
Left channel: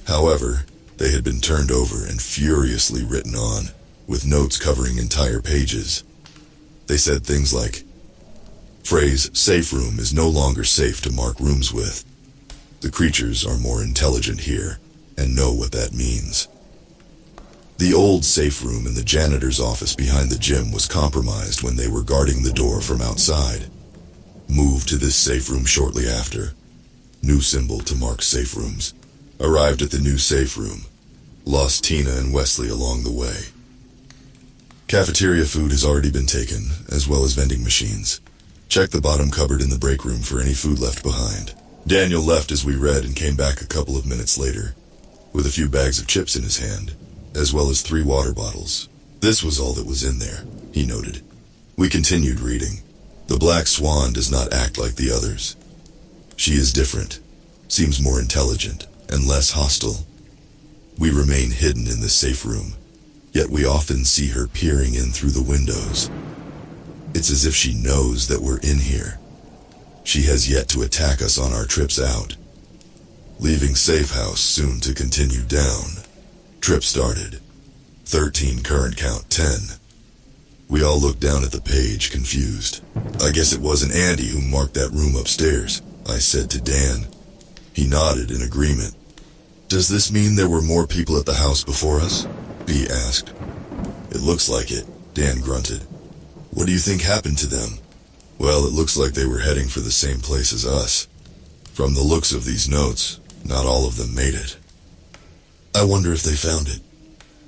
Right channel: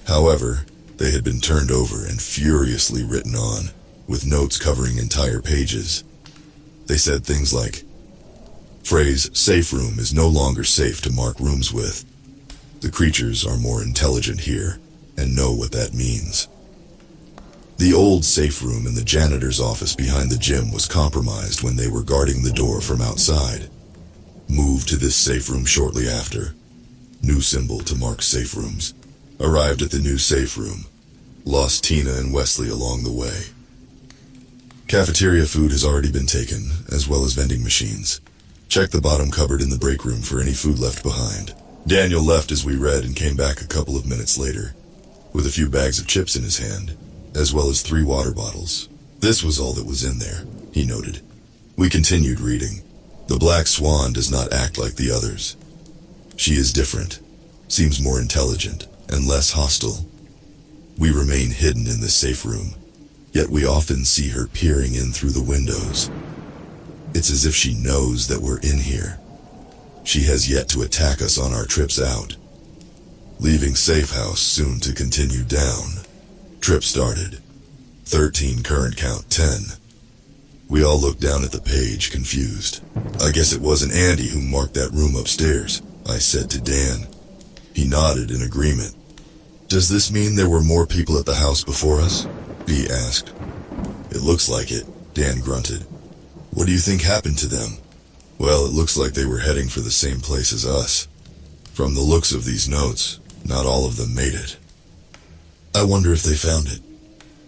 However, they had been turned over and furiously written on, with notes covering entire pages. They said things like, phrase, safe room is no longer safe to mark rooms with. The creatures are more intelligent here, and know what that means. The old safe room in the janitor's office behind the gym was compromised when they were guarding the door from outside. Moved to this safe room shortly after. New symbol to mark safe rooms. Arrived at the new safe room. Lost Tina and Wesley along the way. Cafeteria food has already been taken, as well as vending machines. Check the bottom cupboard in the break room for any food left behind. Daniel left as we read and came back a couple of minutes later, with a few bags of chips in his hand, as well as 3 water bottles. This was all that was in there, he noted. We continued reading. The Black Swan does not act like the others. She is different, seems more intelligent, and less hostile. We remain hidden in the safe room, yet we often see her peering in through the windows. It's as if she knows that we're in here. She has yet to attack us on our trips out. Leaving safe house soon to continue down. Trip started. 13 current count 10. We all looked down at the page, confused. I guess it wasn't Andy who marked that room upstairs, I said to Dan. He nodded in agreement. Does this mean there were more people at the house before us? B asked. It looks like it, Dan grunted. What do you think happened to them? Well, it looks like they were heading for the same place as us. From the looks of these notes, not all of them made it. I wonder if they found it.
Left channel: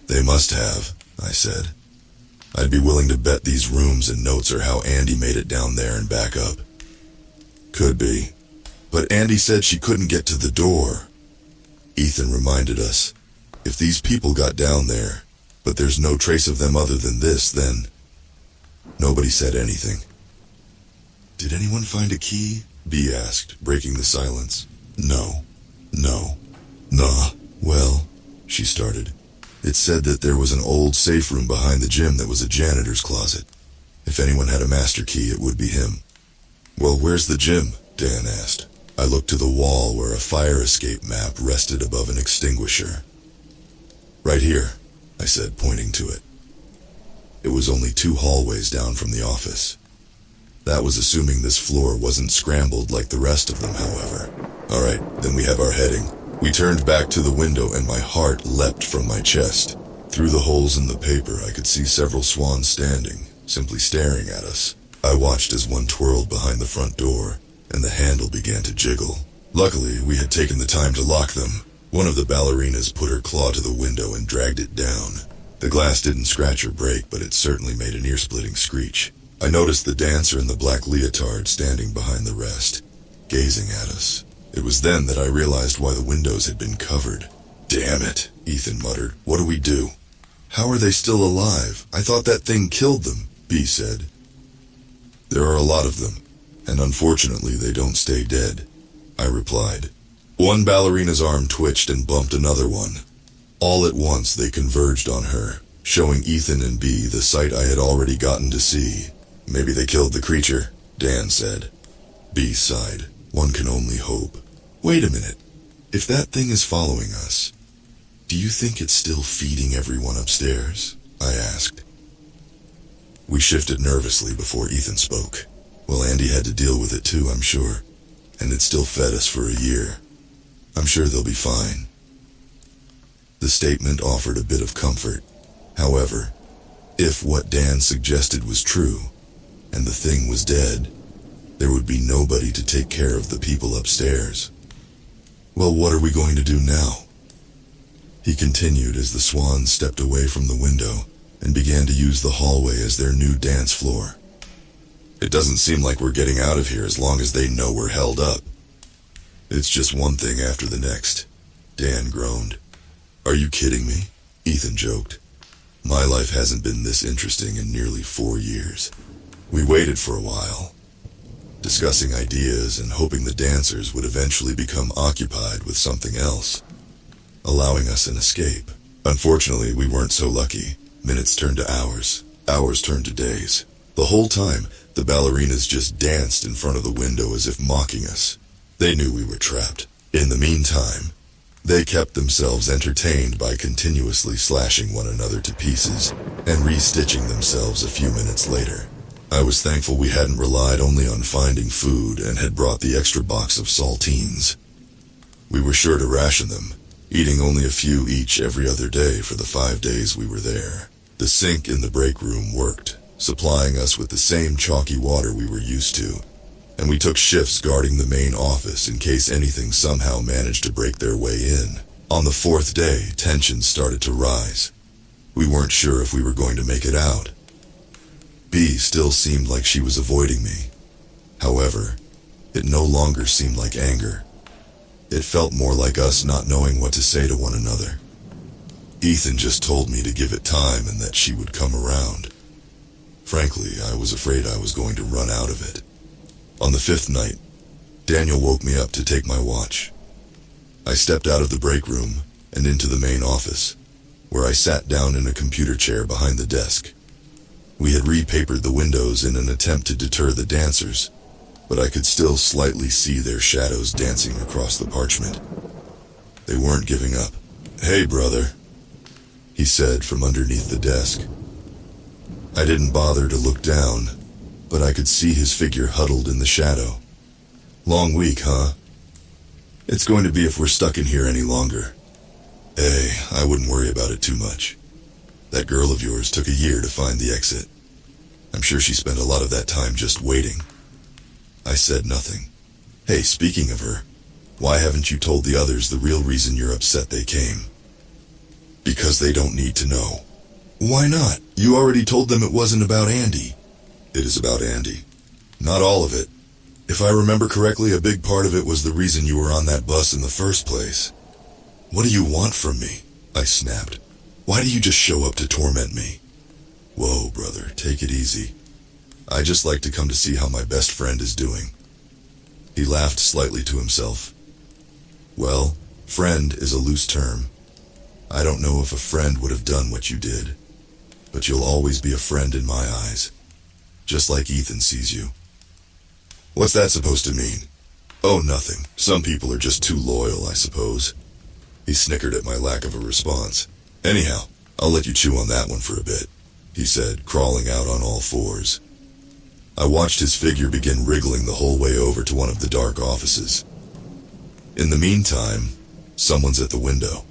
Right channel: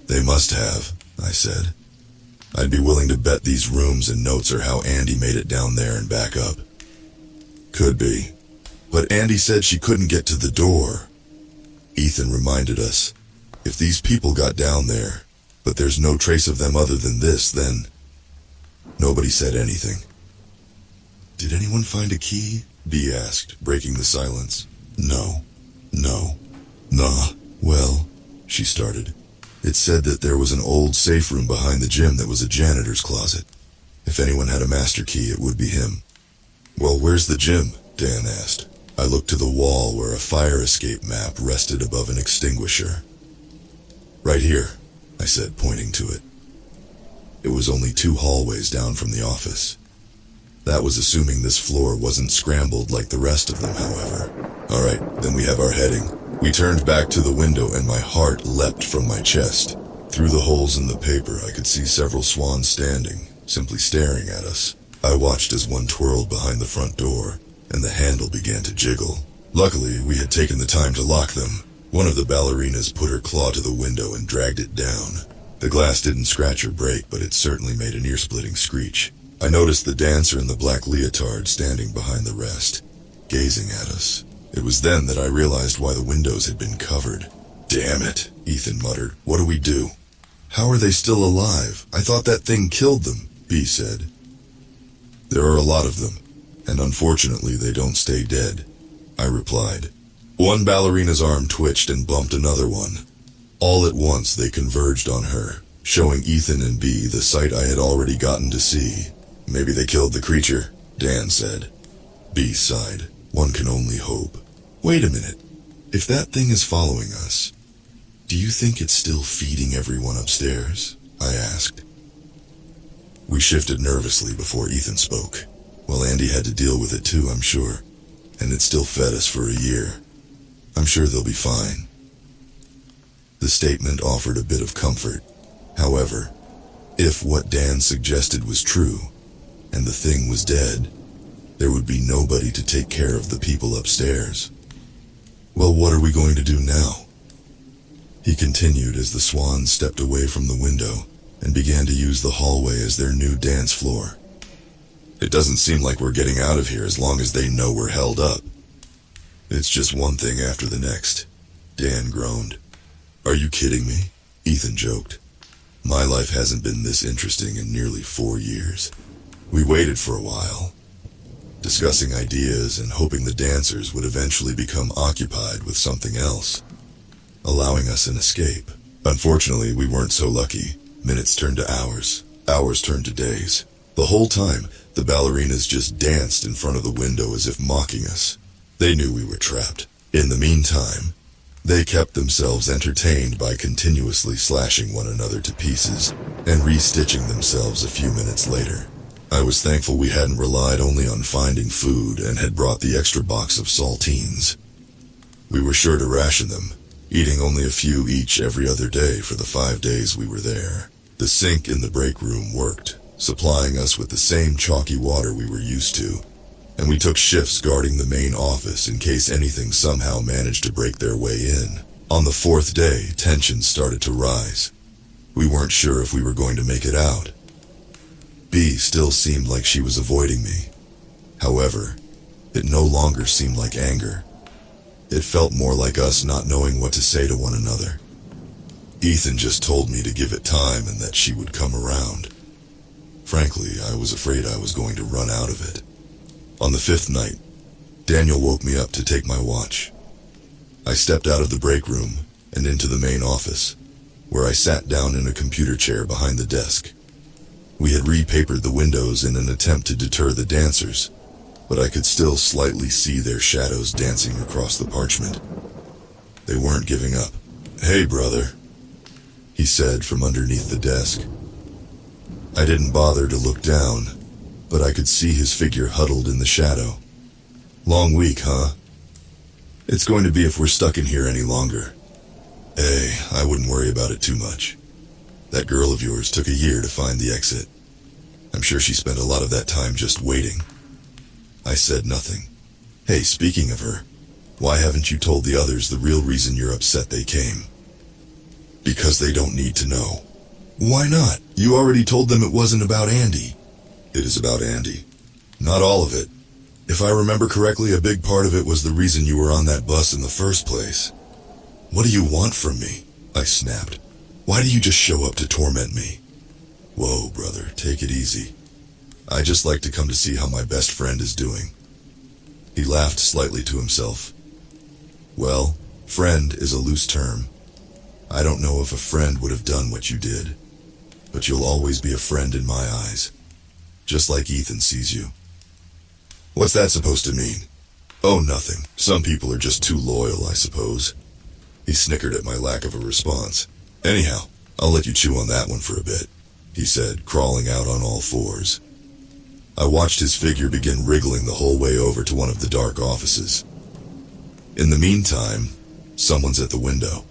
They must have, I said. I'd be willing to bet these rooms and notes are how Andy made it down there and back up. Could be. But Andy said she couldn't get to the door. Ethan reminded us, if these people got down there, but there's no trace of them other than this, then... Nobody said anything. Did anyone find a key? B asked, breaking the silence. No. Nah. Well, she started. It said that there was an old safe room behind the gym that was a janitor's closet. If anyone had a master key, it would be him. Well, where's the gym? Dan asked. I looked to the wall where a fire escape map rested above an extinguisher. Right here, I said, pointing to it. It was only 2 hallways down from the office. That was assuming this floor wasn't scrambled like the rest of them, however. All right, then we have our heading. We turned back to the window and my heart leapt from my chest. Through the holes in the paper, I could see several swans standing, simply staring at us. I watched as one twirled behind the front door, and the handle began to jiggle. Luckily, we had taken the time to lock them. One of the ballerinas put her claw to the window and dragged it down. The glass didn't scratch or break, but it certainly made an ear-splitting screech. I noticed the dancer in the black leotard standing behind the rest, gazing at us. It was then that I realized why the windows had been covered. Damn it, Ethan muttered. What do we do? How are they still alive? I thought that thing killed them, B said. There are a lot of them, and unfortunately they don't stay dead, I replied. One ballerina's arm twitched and bumped another one. All at once they converged on her, showing Ethan and B the sight I had already gotten to see. Maybe they killed the creature, Dan said. B sighed. One can only hope. Wait a minute. If that thing is following us, do you think it's still feeding everyone upstairs? I asked. We shifted nervously before Ethan spoke. Well, Andy had to deal with it too, I'm sure. And it still fed us for a year. I'm sure they'll be fine. The statement offered a bit of comfort. However, if what Dan suggested was true, and the thing was dead, there would be nobody to take care of the people upstairs. Well, what are we going to do now? He continued as the swans stepped away from the window and began to use the hallway as their new dance floor. It doesn't seem like we're getting out of here as long as they know we're held up. It's just one thing after the next, Dan groaned. Are you kidding me? Ethan joked. My life hasn't been this interesting in nearly 4 years. We waited for a while, discussing ideas and hoping the dancers would eventually become occupied with something else, allowing us an escape. Unfortunately, we weren't so lucky. Minutes turned to hours. Hours turned to days. The whole time, the ballerinas just danced in front of the window as if mocking us. They knew we were trapped. In the meantime, they kept themselves entertained by continuously slashing one another to pieces and restitching themselves a few minutes later. I was thankful we hadn't relied only on finding food and had brought the extra box of saltines. We were sure to ration them, eating only a few each every other day for the 5 days we were there. The sink in the break room worked, supplying us with the same chalky water we were used to, and we took shifts guarding the main office in case anything somehow managed to break their way in. On the 4th day, tensions started to rise. We weren't sure if we were going to make it out. B still seemed like she was avoiding me. However, it no longer seemed like anger. It felt more like us not knowing what to say to one another. Ethan just told me to give it time and that she would come around. Frankly, I was afraid I was going to run out of it. On the 5th night, Daniel woke me up to take my watch. I stepped out of the break room and into the main office, where I sat down in a computer chair behind the desk. We had repapered the windows in an attempt to deter the dancers, but I could still slightly see their shadows dancing across the parchment. They weren't giving up. Hey, brother, he said from underneath the desk. I didn't bother to look down, but I could see his figure huddled in the shadow. Long week, huh? It's going to be if we're stuck in here any longer. Hey, I wouldn't worry about it too much. That girl of yours took a year to find the exit. I'm sure she spent a lot of that time just waiting. I said nothing. Hey, speaking of her, why haven't you told the others the real reason you're upset they came? Because they don't need to know. Why not? You already told them it wasn't about Andy. It is about Andy. Not all of it. If I remember correctly, a big part of it was the reason you were on that bus in the first place. What do you want from me? I snapped. Why do you just show up to torment me? Whoa, brother, take it easy. I just like to come to see how my best friend is doing. He laughed slightly to himself. Well, friend is a loose term. I don't know if a friend would have done what you did, but you'll always be a friend in my eyes. just like Ethan sees you. What's that supposed to mean? Oh, nothing. Some people are just too loyal, I suppose. He snickered at my lack of a response. Anyhow, I'll let you chew on that one for a bit, he said, crawling out on all fours. I watched his figure begin wriggling the whole way over to one of the dark offices. In the meantime, someone's at the window.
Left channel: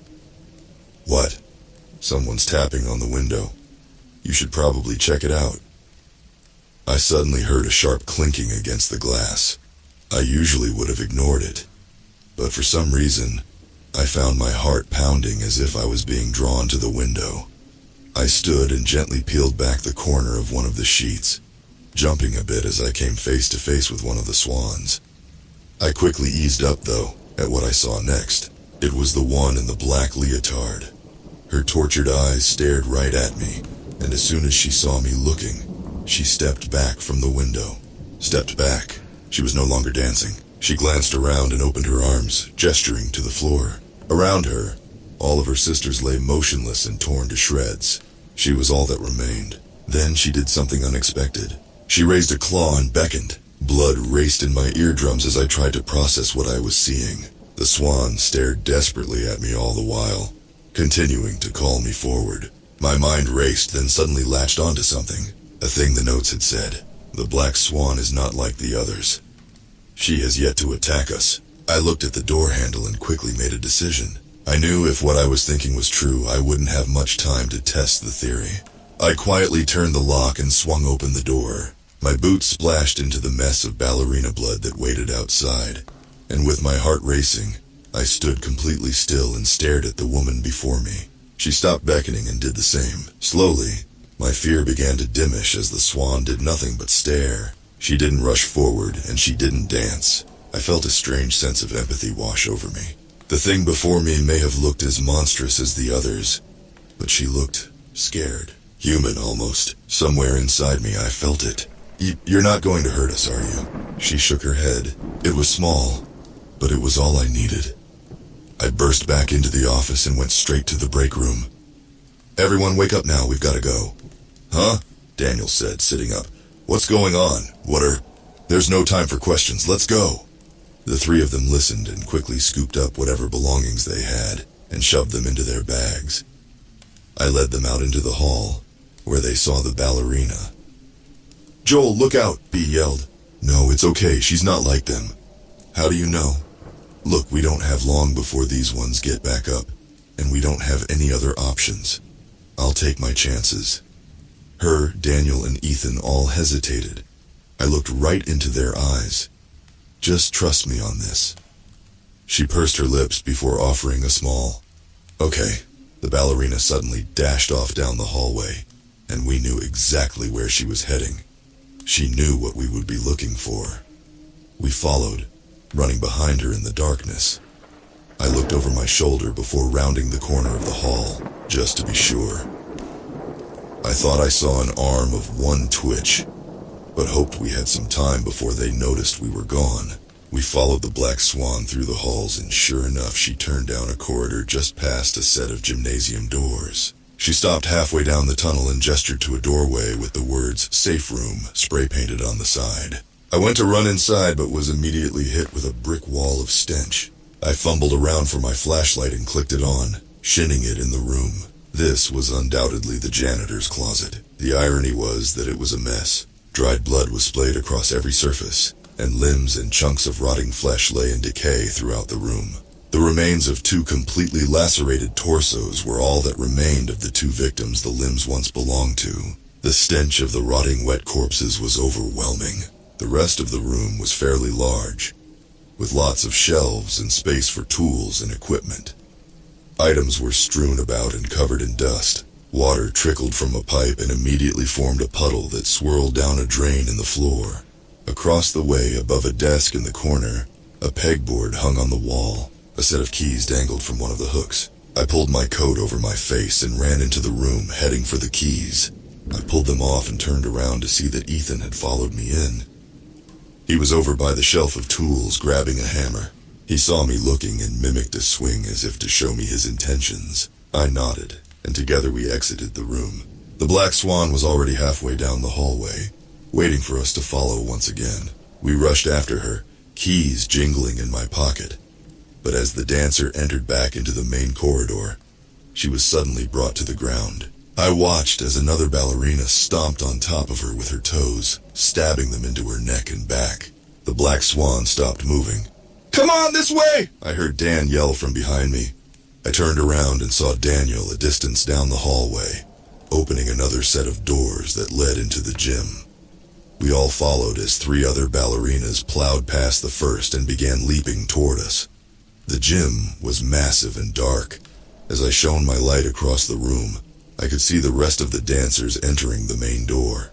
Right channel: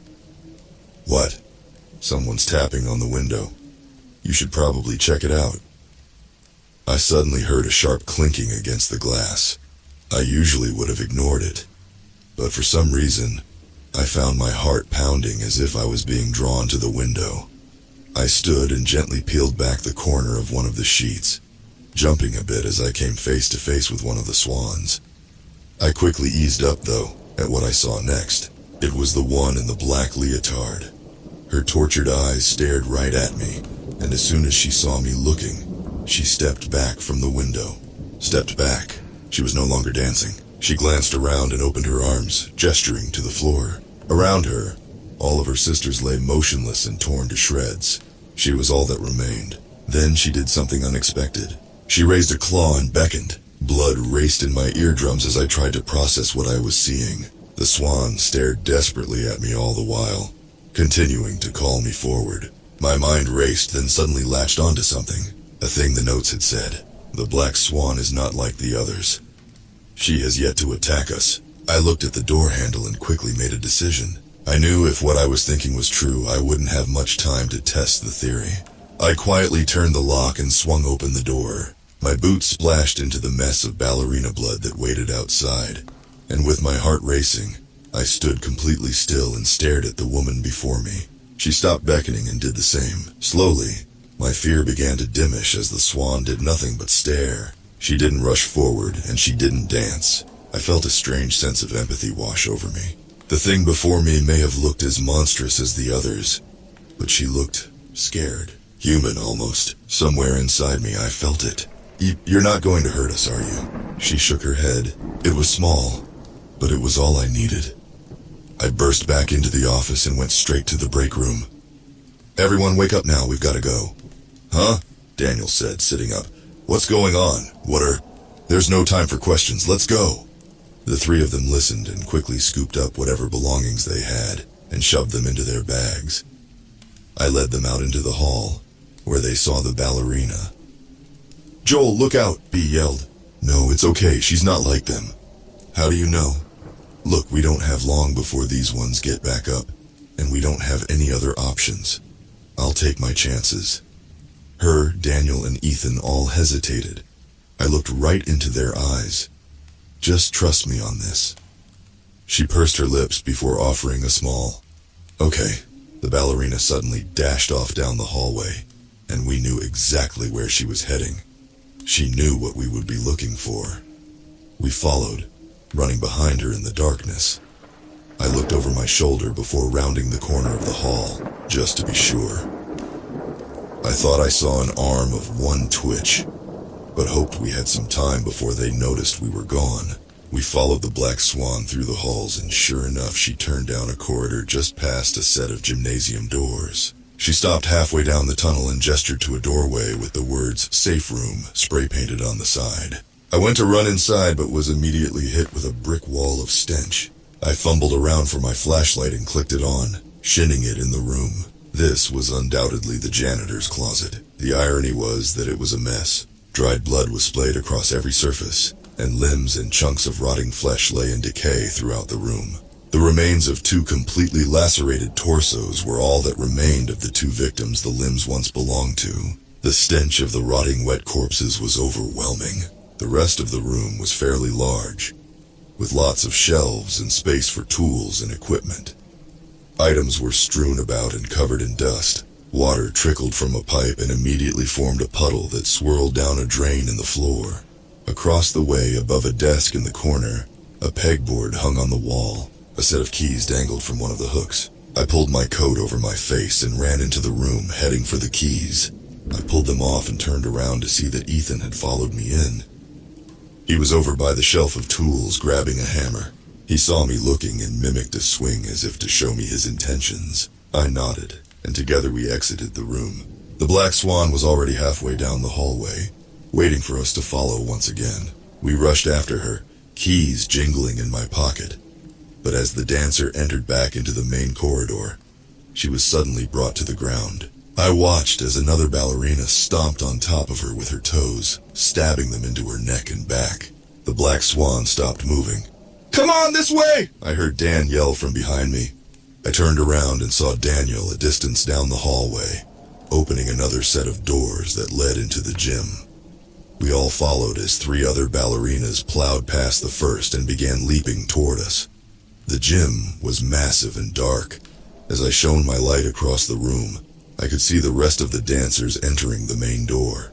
What? Someone's tapping on the window. You should probably check it out. I suddenly heard a sharp clinking against the glass. I usually would have ignored it, but for some reason, I found my heart pounding as if I was being drawn to the window. I stood and gently peeled back the corner of one of the sheets, jumping a bit as I came face to face with one of the swans. I quickly eased up, though, at what I saw next. It was the one in the black leotard. Her tortured eyes stared right at me, and as soon as she saw me looking, she stepped back from the window. Stepped back. She was no longer dancing. She glanced around and opened her arms, gesturing to the floor. Around her, all of her sisters lay motionless and torn to shreds. She was all that remained. Then she did something unexpected. She raised a claw and beckoned. Blood raced in my eardrums as I tried to process what I was seeing. The swan stared desperately at me all the while, continuing to call me forward. My mind raced, then suddenly latched onto something. A thing the notes had said. The black swan is not like the others. She has yet to attack us. I looked at the door handle and quickly made a decision. I knew if what I was thinking was true, I wouldn't have much time to test the theory. I quietly turned the lock and swung open the door. My boots splashed into the mess of ballerina blood that waited outside, and with my heart racing, I stood completely still and stared at the woman before me. She stopped beckoning and did the same. Slowly, my fear began to diminish as the swan did nothing but stare. She didn't rush forward, and she didn't dance. I felt a strange sense of empathy wash over me. The thing before me may have looked as monstrous as the others, but she looked scared. Human, almost. Somewhere inside me, I felt it. You're not going to hurt us, are you? She shook her head. It was small, but it was all I needed. I burst back into the office and went straight to the break room. Everyone wake up now, we've got to go. Huh? Daniel said, sitting up. What's going on? There's no time for questions, let's go. The three of them listened and quickly scooped up whatever belongings they had and shoved them into their bags. I led them out into the hall, where they saw the ballerina. Joel, look out, B yelled. No, it's okay, she's not like them. How do you know? Look, we don't have long before these ones get back up, and we don't have any other options. I'll take my chances. Her, Daniel, and Ethan all hesitated. I looked right into their eyes. Just trust me on this. She pursed her lips before offering a small, okay. The ballerina suddenly dashed off down the hallway, and we knew exactly where she was heading. She knew what we would be looking for. We followed, running behind her in the darkness. I looked over my shoulder before rounding the corner of the hall, just to be sure. I thought I saw an arm of one twitch, but hoped we had some time before they noticed we were gone. We followed the black swan through the halls, and sure enough, she turned down a corridor just past a set of gymnasium doors. She stopped halfway down the tunnel and gestured to a doorway with the words "Safe Room" spray-painted on the side. I went to run inside, but was immediately hit with a brick wall of stench. I fumbled around for my flashlight and clicked it on, shining it in the room. This was undoubtedly the janitor's closet. The irony was that it was a mess. Dried blood was splayed across every surface, and limbs and chunks of rotting flesh lay in decay throughout the room. The remains of two completely lacerated torsos were all that remained of the two victims the limbs once belonged to. The stench of the rotting wet corpses was overwhelming. The rest of the room was fairly large, with lots of shelves and space for tools and equipment. Items were strewn about and covered in dust. Water trickled from a pipe and immediately formed a puddle that swirled down a drain in the floor. Across the way, above a desk in the corner, a pegboard hung on the wall. A set of keys dangled from one of the hooks. I pulled my coat over my face and ran into the room, heading for the keys. I pulled them off and turned around to see that Ethan had followed me in. He was over by the shelf of tools, grabbing a hammer. He saw me looking and mimicked a swing as if to show me his intentions. I nodded, and together we exited the room. The black swan was already halfway down the hallway, waiting for us to follow once again. We rushed after her, keys jingling in my pocket. But as the dancer entered back into the main corridor, she was suddenly brought to the ground. I watched as another ballerina stomped on top of her with her toes, stabbing them into her neck and back. The black swan stopped moving. "Come on, this way!" I heard Dan yell from behind me. I turned around and saw Daniel a distance down the hallway, opening another set of doors that led into the gym. We all followed as 3 other ballerinas plowed past the first and began leaping toward us. The gym was massive and dark. As I shone my light across the room, I could see the rest of the dancers entering the main door.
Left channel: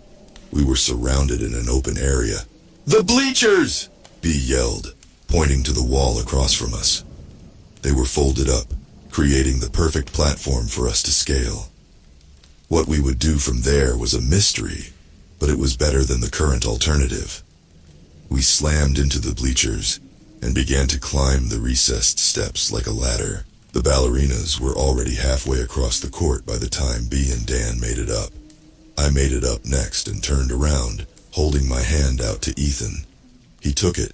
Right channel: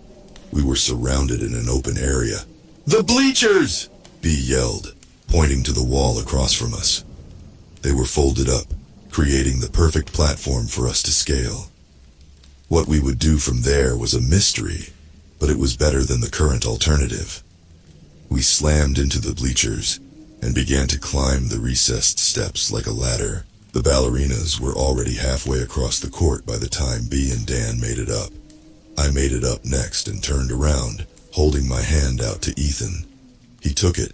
We were surrounded in an open area. "The bleachers!" B yelled, pointing to the wall across from us. They were folded up, creating the perfect platform for us to scale. What we would do from there was a mystery, but it was better than the current alternative. We slammed into the bleachers and began to climb the recessed steps like a ladder. The ballerinas were already halfway across the court by the time B and Dan made it up. I made it up next and turned around, holding my hand out to Ethan. He took it,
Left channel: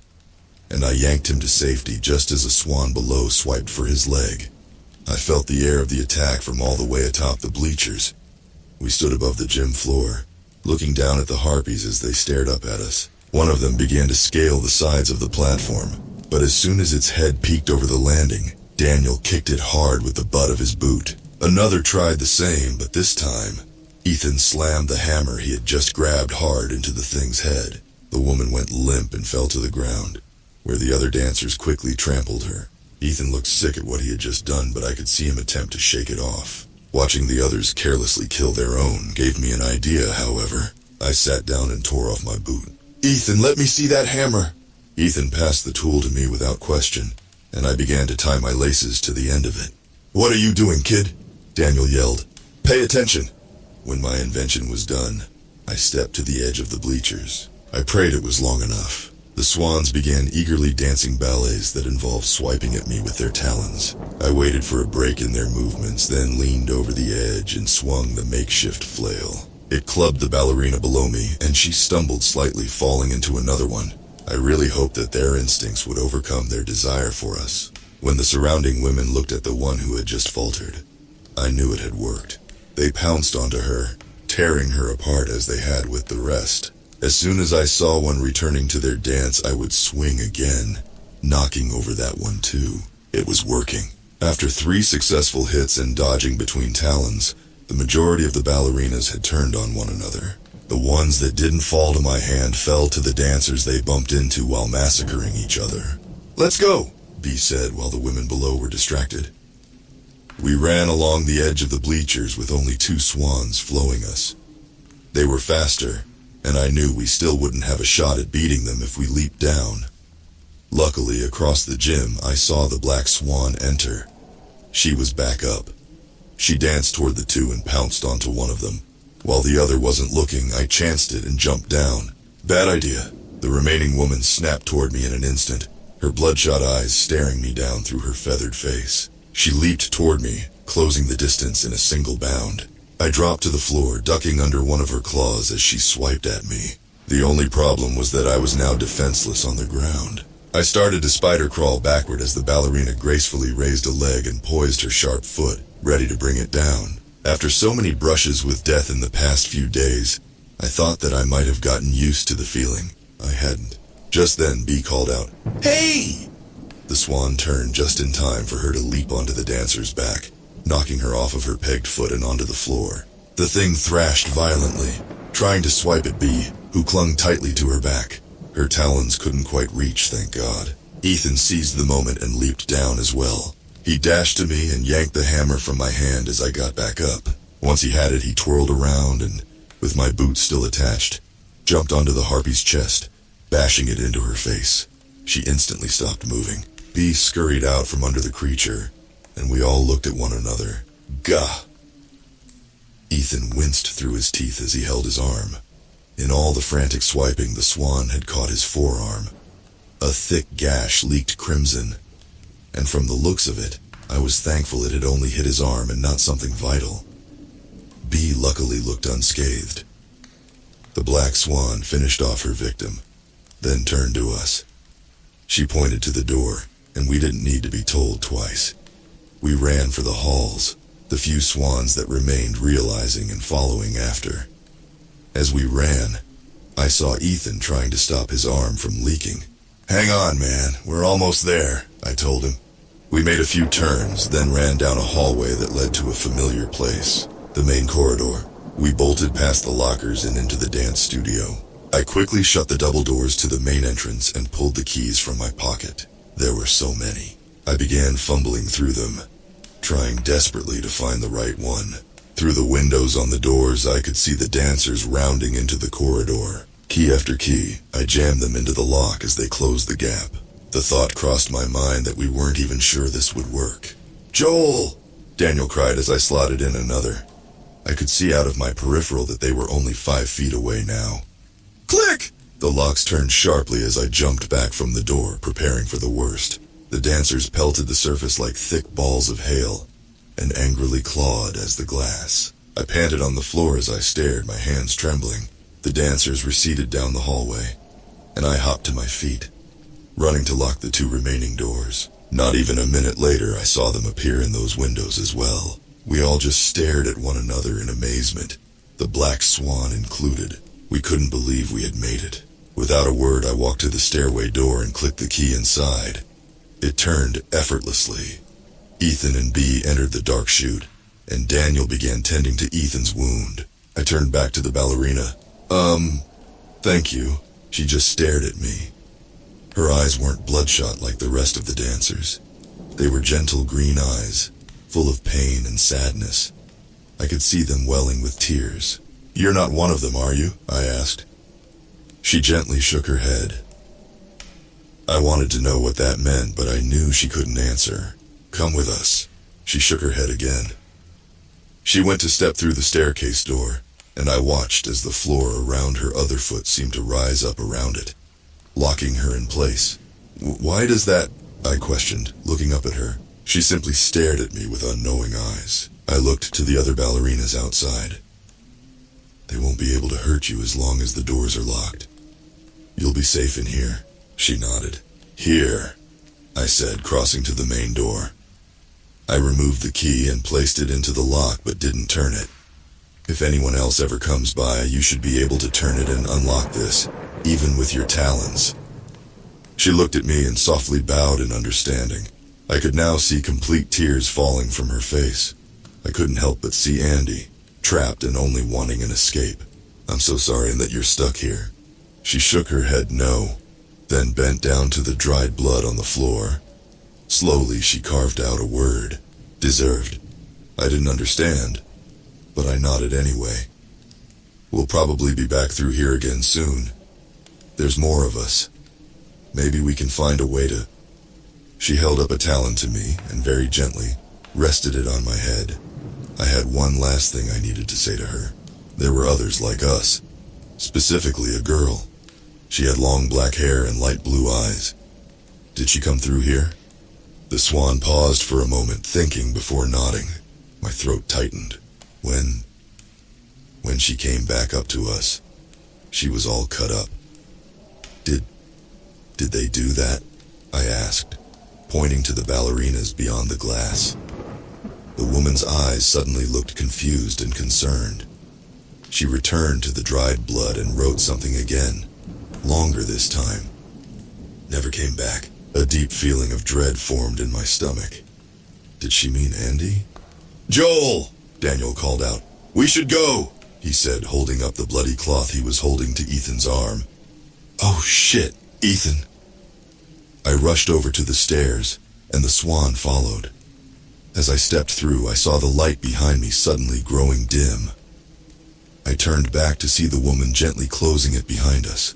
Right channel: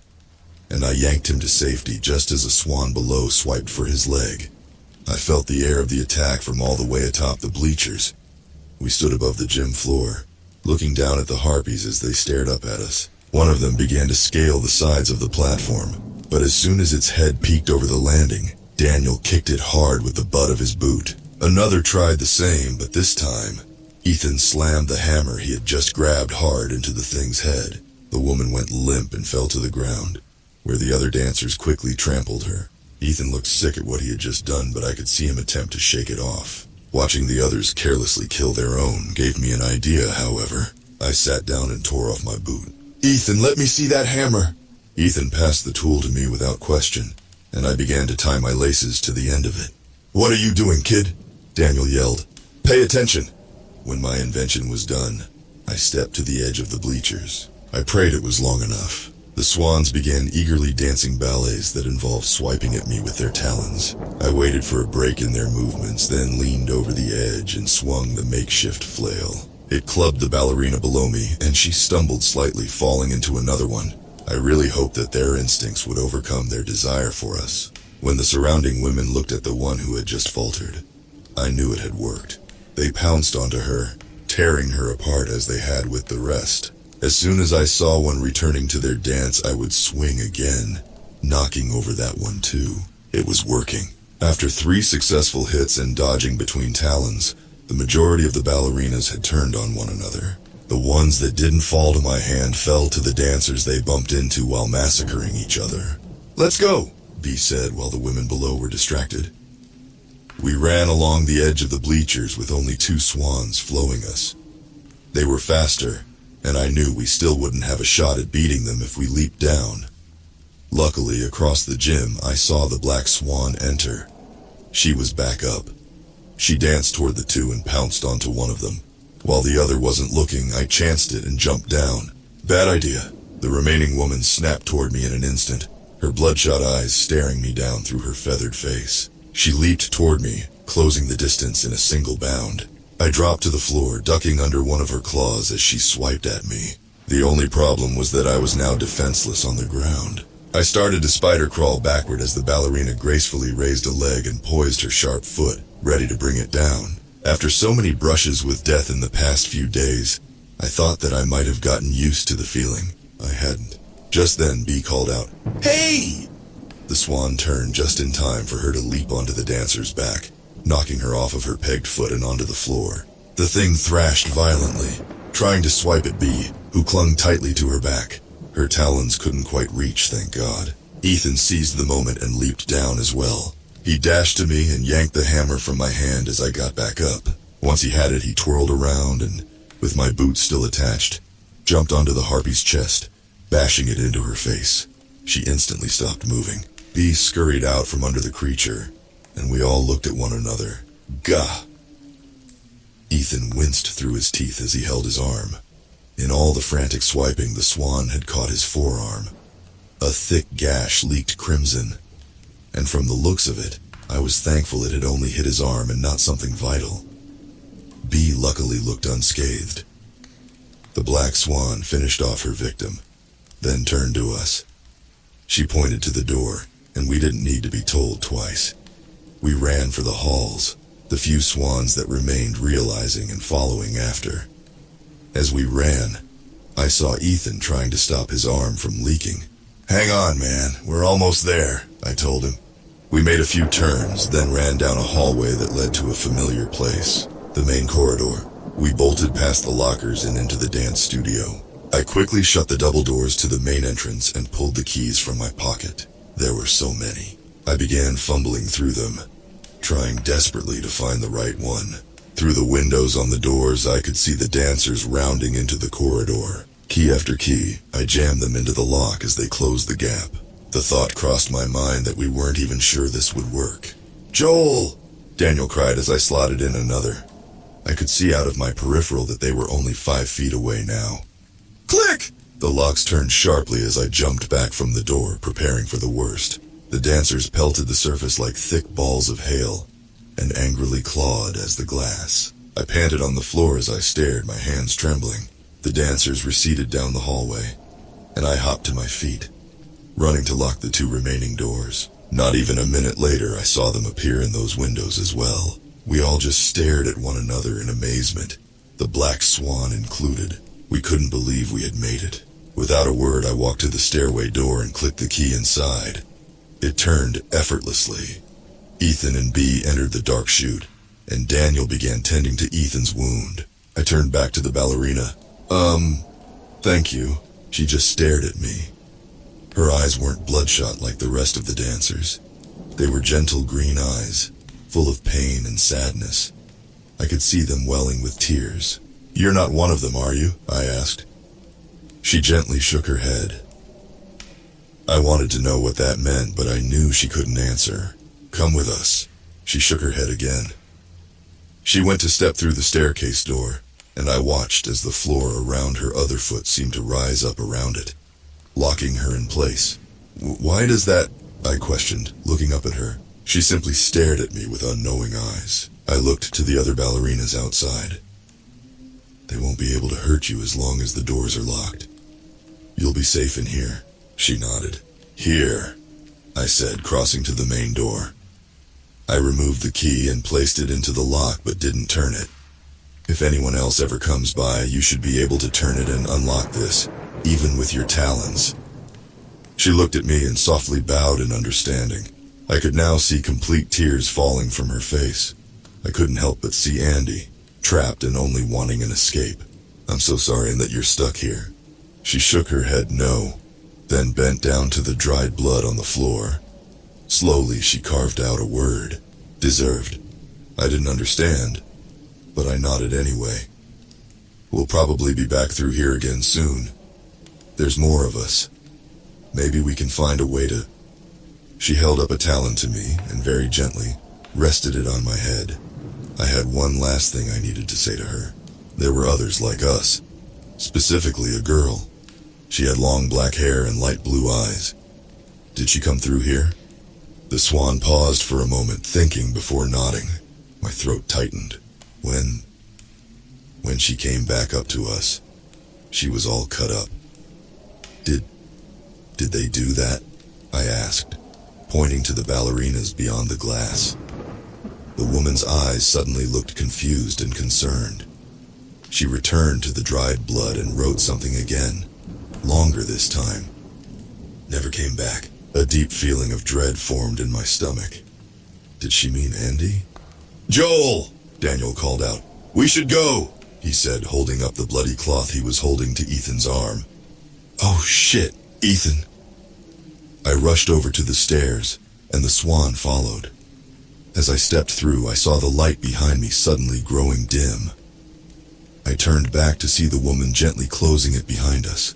and I yanked him to safety just as a swan below swiped for his leg. I felt the air of the attack from all the way atop the bleachers. We stood above the gym floor, looking down at the harpies as they stared up at us. One of them began to scale the sides of the platform, but as soon as its head peeked over the landing, Daniel kicked it hard with the butt of his boot. Another tried the same, but this time, Ethan slammed the hammer he had just grabbed hard into the thing's head. The woman went limp and fell to the ground, where the other dancers quickly trampled her. Ethan looked sick at what he had just done, but I could see him attempt to shake it off. Watching the others carelessly kill their own gave me an idea, however. I sat down and tore off my boot. "Ethan, let me see that hammer!" Ethan passed the tool to me without question, and I began to tie my laces to the end of it. "What are you doing, kid?" Daniel yelled. "Pay attention." When my invention was done, I stepped to the edge of the bleachers. I prayed it was long enough. The swans began eagerly dancing ballets that involved swiping at me with their talons. I waited for a break in their movements, then leaned over the edge and swung the makeshift flail. It clubbed the ballerina below me, and she stumbled slightly, falling into another one. I really hoped that their instincts would overcome their desire for us. When the surrounding women looked at the one who had just faltered, I knew it had worked. They pounced onto her, tearing her apart as they had with the rest. As soon as I saw one returning to their dance, I would swing again, knocking over that one too. It was working. After 3 successful hits and dodging between talons, the majority of the ballerinas had turned on one another. The ones that didn't fall to my hand fell to the dancers they bumped into while massacring each other. "Let's go," B said while the women below were distracted. We ran along the edge of the bleachers with only 2 swans flowing us. They were faster, and I knew we still wouldn't have a shot at beating them if we leaped down. Luckily, across the gym, I saw the black swan enter. She was back up. She danced toward the 2 and pounced onto one of them. While the other wasn't looking, I chanced it and jumped down. Bad idea. The remaining woman snapped toward me in an instant, her bloodshot eyes staring me down through her feathered face. She leaped toward me, closing the distance in a single bound. I dropped to the floor, ducking under one of her claws as she swiped at me. The only problem was that I was now defenseless on the ground. I started to spider crawl backward as the ballerina gracefully raised a leg and poised her sharp foot, ready to bring it down. After so many brushes with death in the past few days, I thought that I might have gotten used to the feeling. I hadn't. Just then, B called out, "Hey!" The swan turned just in time for her to leap onto the dancer's back, knocking her off of her pegged foot and onto the floor. The thing thrashed violently, trying to swipe at B, who clung tightly to her back. Her talons couldn't quite reach, thank God. Ethan seized the moment and leaped down as well. He dashed to me and yanked the hammer from my hand as I got back up. Once he had it, he twirled around and, with my boot still attached, jumped onto the harpy's chest, bashing it into her face. She instantly stopped moving. B scurried out from under the creature, and we all looked at one another. Gah! Ethan winced through his teeth as he held his arm. In all the frantic swiping, the swan had caught his forearm. A thick gash leaked crimson, and from the looks of it, I was thankful it had only hit his arm and not something vital. B luckily looked unscathed. The black swan finished off her victim, then turned to us. She pointed to the door, and we didn't need to be told twice. We ran for the halls, the few swans that remained realizing and following after. As we ran, I saw Ethan trying to stop his arm from leaking. "Hang on, man, we're almost there," I told him. We made a few turns, then ran down a hallway that led to a familiar place, the main corridor. We bolted past the lockers and into the dance studio. I quickly shut the double doors to the main entrance and pulled the keys from my pocket. There were so many. I began fumbling through them, trying desperately to find the right one. Through the windows on the doors, I could see the dancers rounding into the corridor. Key after key, I jammed them into the lock as they closed the gap. The thought crossed my mind that we weren't even sure this would work. "Joel!" Daniel cried as I slotted in another. I could see out of my peripheral that they were only 5 feet away now. Click! The locks turned sharply as I jumped back from the door, preparing for the worst. The dancers pelted the surface like thick balls of hail, and angrily clawed as the glass. I panted on the floor as I stared, my hands trembling. The dancers receded down the hallway, and I hopped to my feet, running to lock the 2 remaining doors. Not even a minute later, I saw them appear in those windows as well. We all just stared at one another in amazement, the black swan included. We couldn't believe we had made it. Without a word, I walked to the stairway door and clicked the key inside. It turned effortlessly. Ethan and Bea entered the dark chute, and Daniel began tending to Ethan's wound. I turned back to the ballerina. Thank you." She just stared at me. Her eyes weren't bloodshot like the rest of the dancers. They were gentle green eyes, full of pain and sadness. I could see them welling with tears. "You're not one of them, are you?" I asked. She gently shook her head. I wanted to know what that meant, but I knew she couldn't answer. "Come with us." She shook her head again. She went to step through the staircase door, and I watched as the floor around her other foot seemed to rise up around it, locking her in place. "Why does that?" I questioned, looking up at her. She simply stared at me with unknowing eyes. I looked to the other ballerinas outside. "They won't be able to hurt you as long as the doors are locked. You'll be safe in here." She nodded. "Here," I said, crossing to the main door. I removed the key and placed it into the lock, but didn't turn it. "If anyone else ever comes by, you should be able to turn it and unlock this, even with your talons." She looked at me and softly bowed in understanding. I could now see complete tears falling from her face. I couldn't help but see Andy, trapped and only wanting an escape. "I'm so sorry that you're stuck here." She shook her head no, then bent down to the dried blood on the floor. Slowly, she carved out a word. "Deserved." I didn't understand, but I nodded anyway. "We'll probably be back through here again soon. There's more of us. Maybe we can find a way to..." She held up a talon to me and very gently rested it on my head. I had one last thing I needed to say to her. There were others like us, specifically a girl. She had long black hair and light blue eyes. "Did she come through here?" The swan paused for a moment, thinking before nodding. My throat tightened. When she came back up to us, she was all cut up. Did they do that?" I asked, pointing to the ballerinas beyond the glass. The woman's eyes suddenly looked confused and concerned. She returned to the dried blood and wrote something again, longer this time. "Never came back." A deep feeling of dread formed in my stomach. Did she mean Andy? "Joel!" Daniel called out. "We should go," he said, holding up the bloody cloth he was holding to Ethan's arm. "Oh shit, Ethan." I rushed over to the stairs, and the swan followed. As I stepped through, I saw the light behind me suddenly growing dim. I turned back to see the woman gently closing it behind us.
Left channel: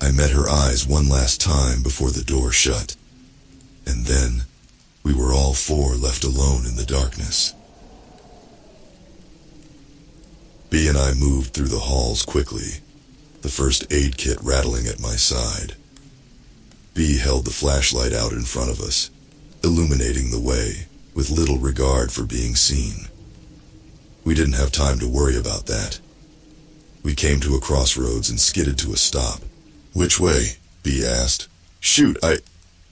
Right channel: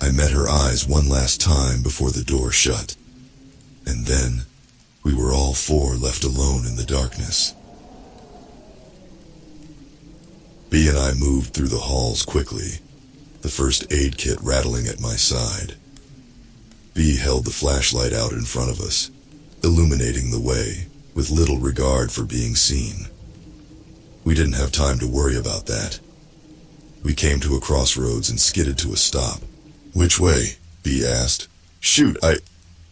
I met her eyes one last time before the door shut. And then, we were all 4 left alone in the darkness. Bea and I moved through the halls quickly, the first aid kit rattling at my side. Bea held the flashlight out in front of us, illuminating the way, with little regard for being seen. We didn't have time to worry about that. We came to a crossroads and skidded to a stop. "Which way?" B asked. "Shoot,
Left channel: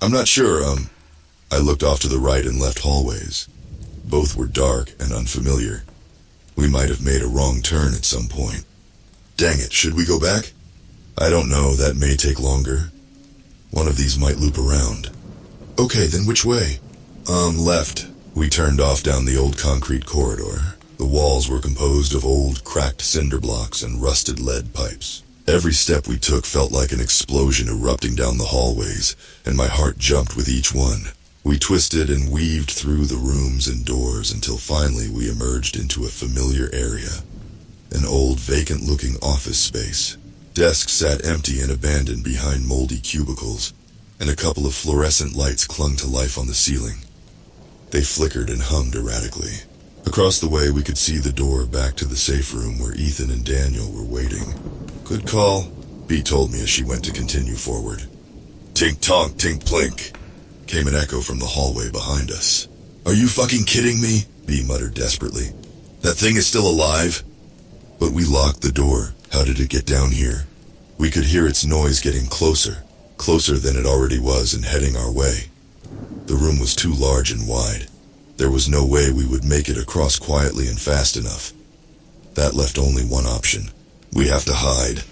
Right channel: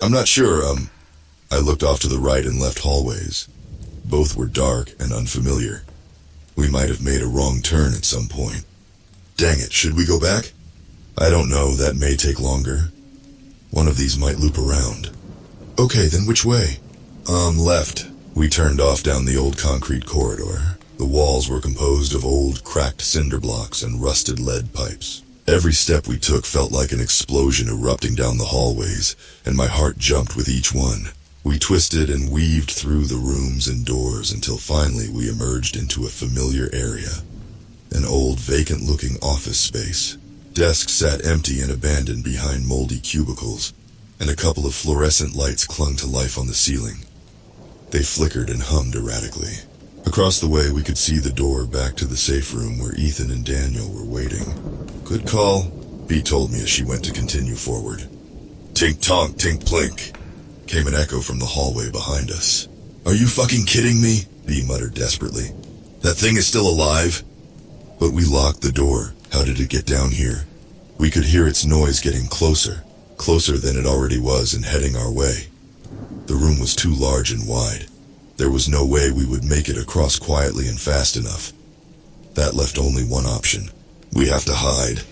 I'm not sure, I looked off to the right and left hallways. Both were dark and unfamiliar. We might have made a wrong turn at some point. Dang it, should we go back? I don't know, that may take longer. One of these might loop around. Okay, then which way? Left. We turned off down the old concrete corridor. The walls were composed of old, cracked cinder blocks and rusted lead pipes. Every step we took felt like an explosion erupting down the hallways, and my heart jumped with each one. We twisted and weaved through the rooms and doors until finally we emerged into a familiar area. An old, vacant-looking office space. Desks sat empty and abandoned behind moldy cubicles, and a couple of fluorescent lights clung to life on the ceiling. They flickered and hummed erratically. Across the way, we could see the door back to the safe room where Ethan and Daniel were waiting. "Good call," B told me as she went to continue forward. "Tink-tonk, tink-plink," came an echo from the hallway behind us. "Are you fucking kidding me?" B muttered desperately. "That thing is still alive?" But we locked the door. How did it get down here? We could hear its noise getting closer, closer than it already was and heading our way. The room was too large and wide. There was no way we would make it across quietly and fast enough. That left only one option. "We have to hide."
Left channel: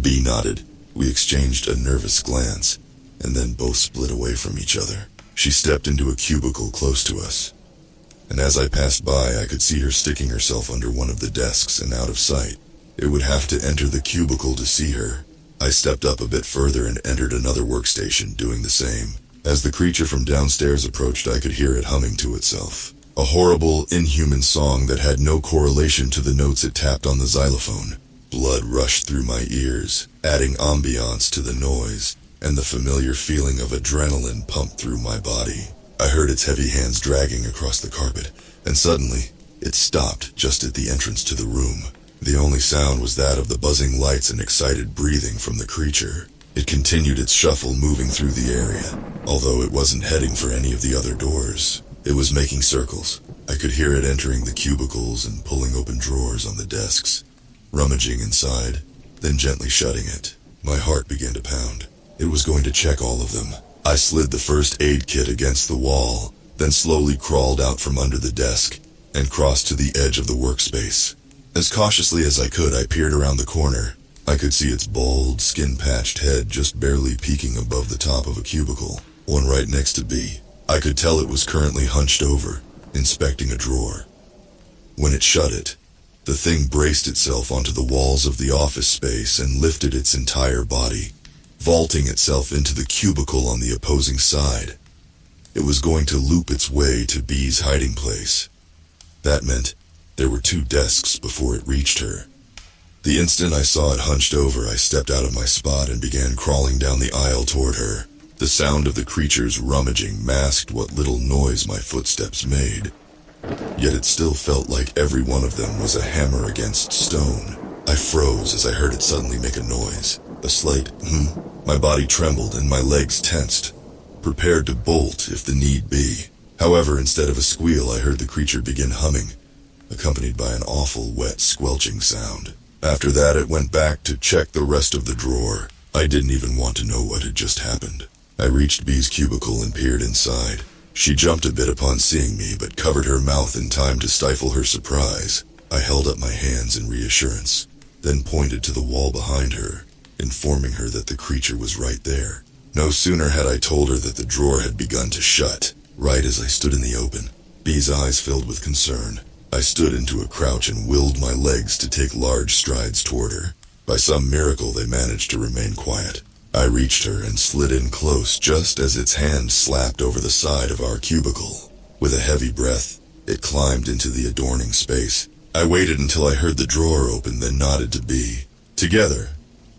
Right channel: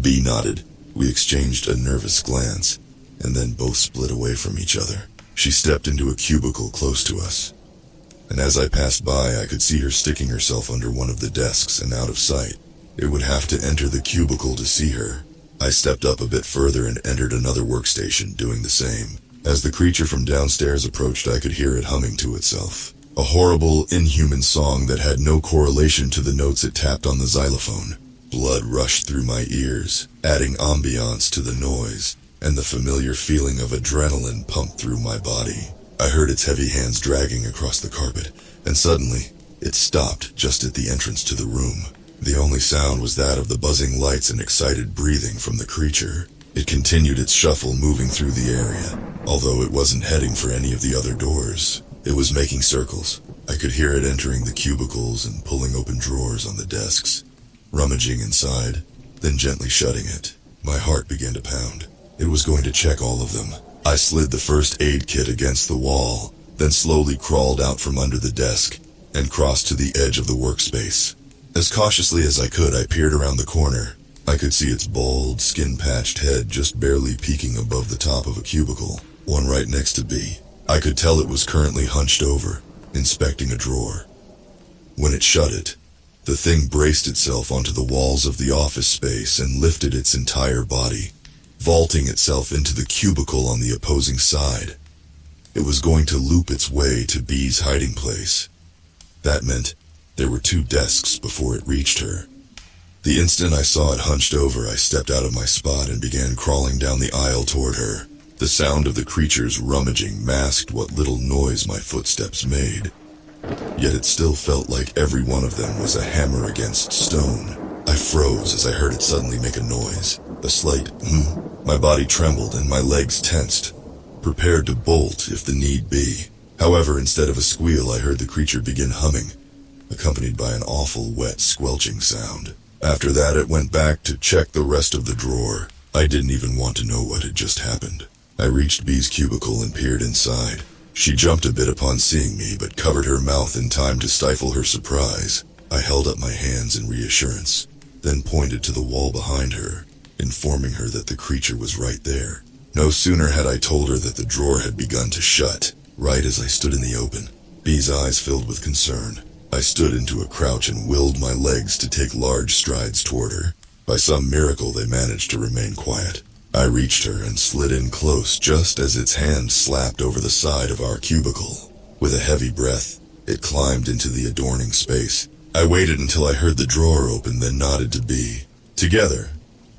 B nodded. We exchanged a nervous glance, and then both split away from each other. She stepped into a cubicle close to us, and as I passed by, I could see her sticking herself under one of the desks and out of sight. It would have to enter the cubicle to see her. I stepped up a bit further and entered another workstation, doing the same. As the creature from downstairs approached, I could hear it humming to itself. A horrible, inhuman song that had no correlation to the notes it tapped on the xylophone. Blood rushed through my ears, adding ambiance to the noise, and the familiar feeling of adrenaline pumped through my body. I heard its heavy hands dragging across the carpet, and suddenly, it stopped just at the entrance to the room. The only sound was that of the buzzing lights and excited breathing from the creature. It continued its shuffle, moving through the area. Although it wasn't heading for any of the other doors, it was making circles. I could hear it entering the cubicles and pulling open drawers on the desks, rummaging inside, then gently shutting it. My heart began to pound. It was going to check all of them. I slid the first aid kit against the wall, then slowly crawled out from under the desk and crossed to the edge of the workspace. As cautiously as I could, I peered around the corner. I could see its bald, skin-patched head just barely peeking above the top of a cubicle, one right next to B. I could tell it was currently hunched over, inspecting a drawer. When it shut it, the thing braced itself onto the walls of the office space and lifted its entire body, vaulting itself into the cubicle on the opposing side. It was going to loop its way to B's hiding place. That meant there were 2 desks before it reached her. The instant I saw it hunched over, I stepped out of my spot and began crawling down the aisle toward her. The sound of the creature's rummaging masked what little noise my footsteps made. Yet it still felt like every one of them was a hammer against stone. I froze as I heard it suddenly make a noise. A slight My body trembled and my legs tensed, prepared to bolt if the need be. However, instead of a squeal, I heard the creature begin humming, accompanied by an awful, wet, squelching sound. After that, it went back to check the rest of the drawer. I didn't even want to know what had just happened. I reached B's cubicle and peered inside. She jumped a bit upon seeing me, but covered her mouth in time to stifle her surprise. I held up my hands in reassurance, then pointed to the wall behind her, informing her that the creature was right there. No sooner had I told her that the drawer had begun to shut, right as I stood in the open. B's eyes filled with concern. I stood into a crouch and willed my legs to take large strides toward her. By some miracle, they managed to remain quiet. I reached her and slid in close just as its hand slapped over the side of our cubicle. With a heavy breath, it climbed into the adorning space. I waited until I heard the drawer open, then nodded to B. Together,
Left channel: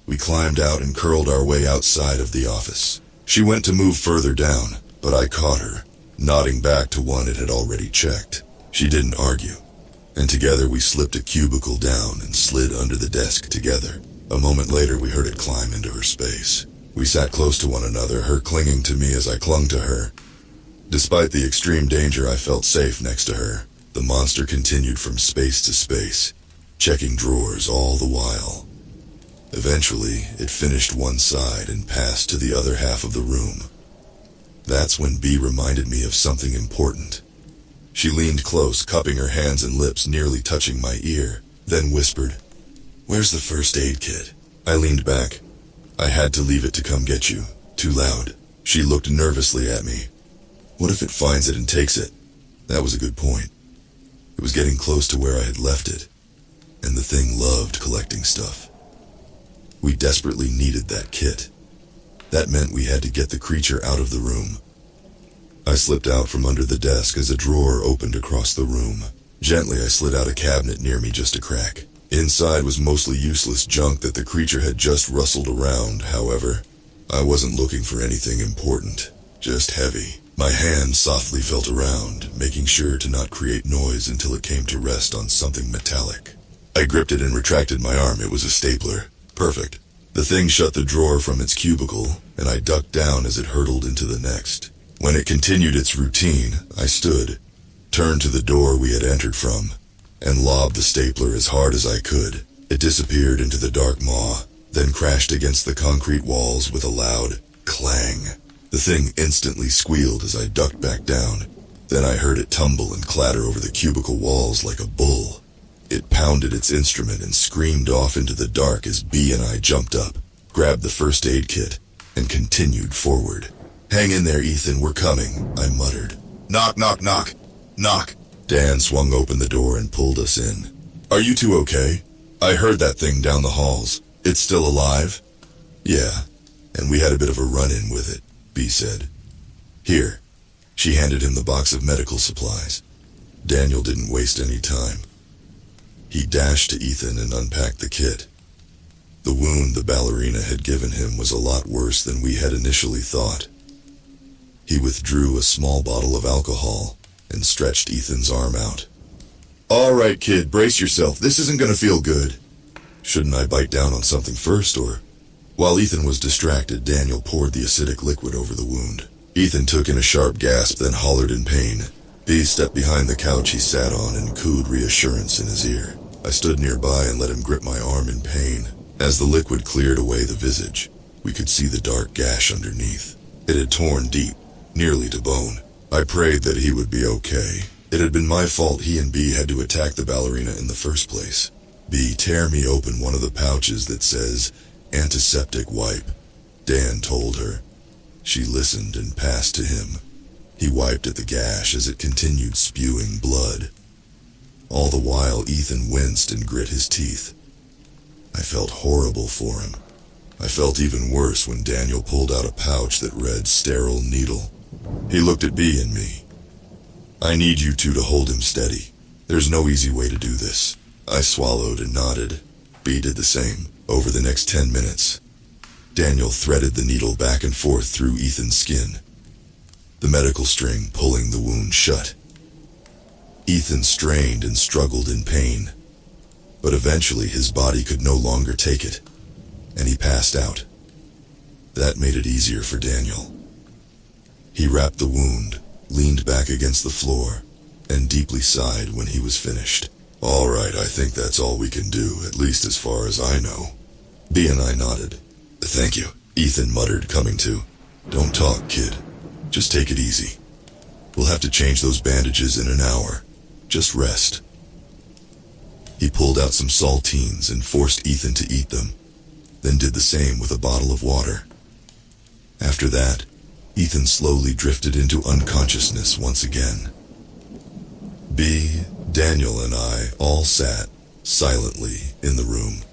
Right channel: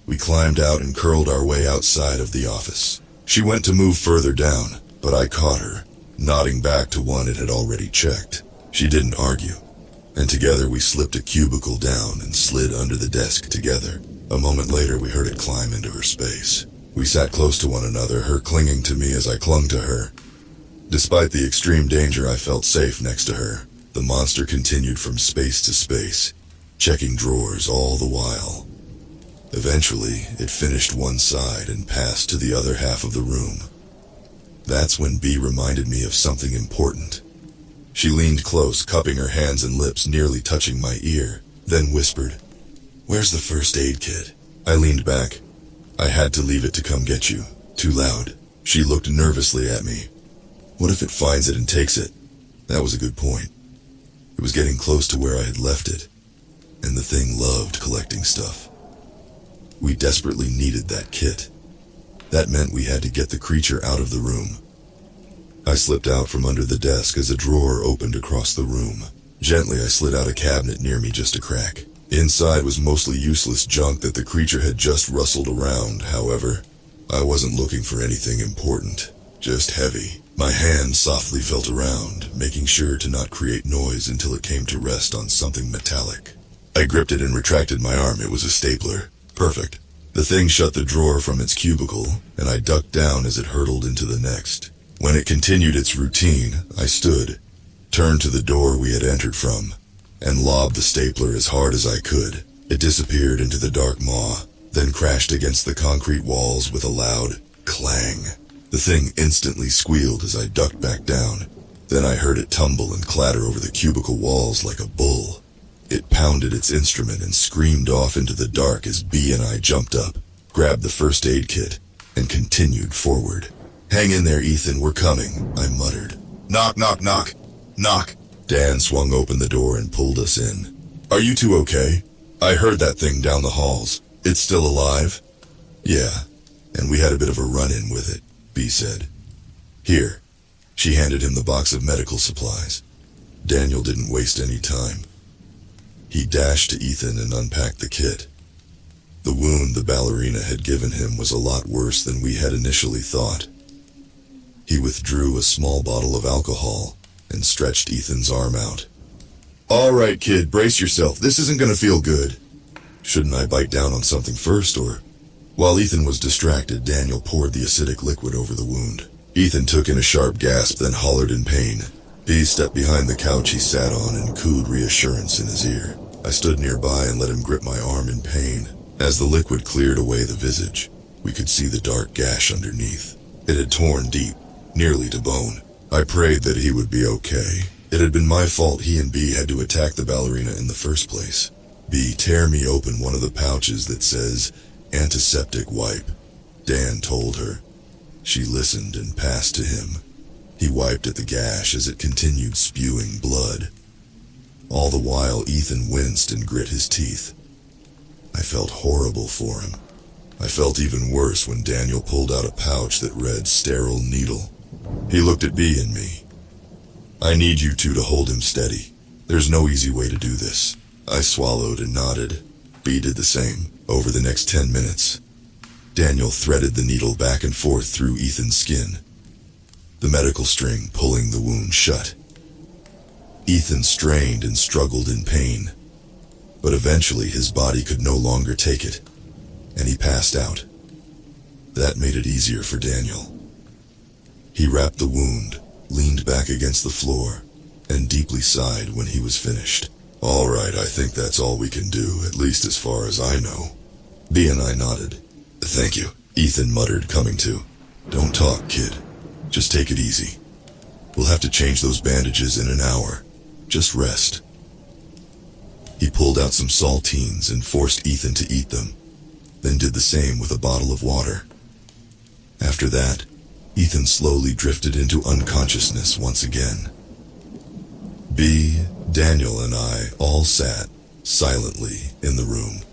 we climbed out and curled our way outside of the office. She went to move further down, but I caught her, nodding back to one it had already checked. She didn't argue, and together we slipped a cubicle down and slid under the desk together. A moment later, we heard it climb into her space. We sat close to one another, her clinging to me as I clung to her. Despite the extreme danger, I felt safe next to her. The monster continued from space to space, checking drawers all the while. Eventually, it finished one side and passed to the other half of the room. That's when B reminded me of something important. She leaned close, cupping her hands and lips, nearly touching my ear, then whispered, "Where's the first aid kit?" I leaned back. "I had to leave it to come get you. Too loud." She looked nervously at me. "What if it finds it and takes it?" That was a good point. It was getting close to where I had left it, and the thing loved collecting stuff. We desperately needed that kit. That meant we had to get the creature out of the room. I slipped out from under the desk as a drawer opened across the room. Gently, I slid out a cabinet near me just a crack. Inside was mostly useless junk that the creature had just rustled around. However, I wasn't looking for anything important, just heavy. My hand softly felt around, making sure to not create noise until it came to rest on something metallic. I gripped it and retracted my arm. It was a stapler. Perfect. The thing shut the drawer from its cubicle, and I ducked down as it hurtled into the next. When it continued its routine, I stood, turned to the door we had entered from, and lobbed the stapler as hard as I could. It disappeared into the dark maw, then crashed against the concrete walls with a loud clang. The thing instantly squealed as I ducked back down. Then I heard it tumble and clatter over the cubicle walls like a bull. It pounded its instrument and screamed off into the dark as B and I jumped up, grabbed the first aid kit, and continued forward. "Hang in there, Ethan, we're coming," I muttered. "Knock, knock, knock. Knock." Dan swung open the door and pulled us in. "Are you two okay? I heard that thing down the halls. It's still alive?" "Yeah, and we had a bit of a run-in with it," B said. "Here." She handed him the box of medical supplies. Daniel didn't waste any time. He dashed to Ethan and unpacked the kit. The wound the ballerina had given him was a lot worse than we had initially thought. He withdrew a small bottle of alcohol and stretched Ethan's arm out. "All right, kid, brace yourself. This isn't gonna feel good." Shouldn't I bite down on something first, or... While Ethan was distracted, Daniel poured the acidic liquid over the wound. Ethan took in a sharp gasp, then hollered in pain. B stepped behind the couch he sat on and cooed reassurance in his ear. I stood nearby and let him grip my arm in pain. As the liquid cleared away the visage, we could see the dark gash underneath. It had torn deep, nearly to bone. I prayed that he would be okay. It had been my fault he and B had to attack the ballerina in the first place. B, tear me open one of the pouches that says, "Antiseptic wipe," Dan told her. She listened and passed to him. He wiped at the gash as it continued spewing blood. All the while, Ethan winced and grit his teeth. I felt horrible for him. I felt even worse when Daniel pulled out a pouch that read "sterile needle." He looked at B and me. "I need you two to hold him steady. There's no easy way to do this." I swallowed and nodded. B did the same. Over the next 10 minutes, Daniel threaded the needle back and forth through Ethan's skin, the medical string pulling the wound shut. Ethan strained and struggled in pain, but eventually his body could no longer take it, and he passed out. That made it easier for Daniel. He wrapped the wound, leaned back against the floor, and deeply sighed when he was finished. "All right, I think that's all we can do, at least as far as I know." B and I nodded. "Thank you," Ethan muttered, coming to. "Don't talk, kid. Just take it easy. We'll have to change those bandages in an hour. Just rest." He pulled out some saltines and forced Ethan to eat them, then did the same with a bottle of water. After that, Ethan slowly drifted into unconsciousness once again. B, Daniel, and I all sat silently in the room.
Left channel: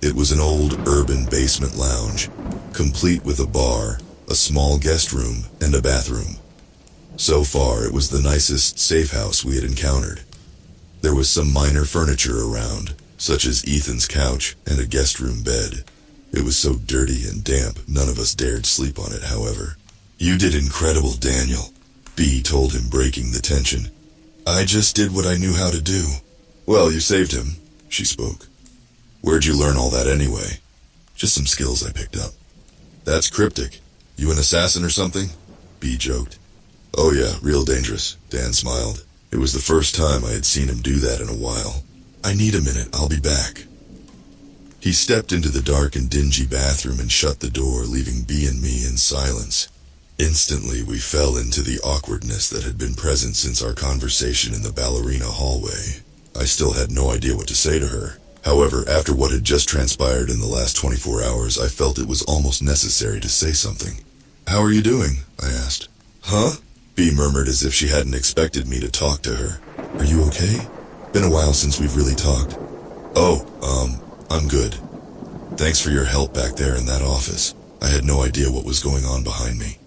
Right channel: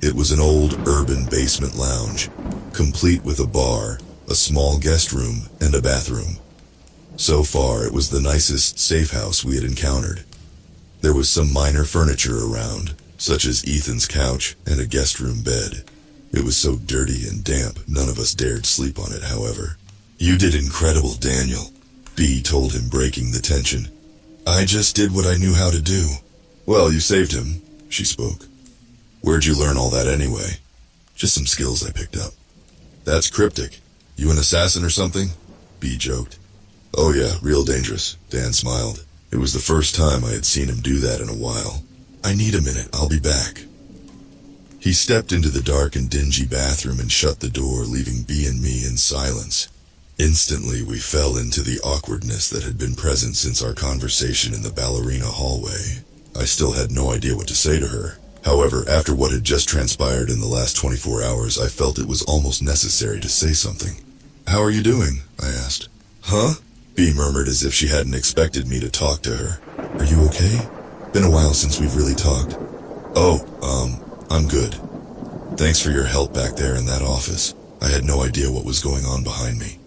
It was an old urban basement lounge, complete with a bar, a small guest room, and a bathroom. So far, it was the nicest safe house we had encountered. There was some minor furniture around, such as Ethan's couch and a guest room bed. It was so dirty and damp, none of us dared sleep on it, however. "You did incredible, Daniel," B told him, breaking the tension. "I just did what I knew how to do." "Well, you saved him," she spoke. "Where'd you learn all that anyway?" "Just some skills I picked up." "That's cryptic. You an assassin or something?" B joked. "Oh yeah, real dangerous," Dan smiled. It was the first time I had seen him do that in a while. I need a minute, I'll be back. He stepped into the dark and dingy bathroom and shut the door, leaving B and me in silence. Instantly, we fell into the awkwardness that had been present since our conversation in the ballerina hallway. I still had no idea what to say to her. However, after what had just transpired in the last 24 hours, I felt it was almost necessary to say something. "How are you doing?" I asked. "Huh?" B murmured as if she hadn't expected me to talk to her. "Are you okay? Been a while since we've really talked." "Oh, I'm good. Thanks for your help back there in that office. I had no idea what was going on behind me."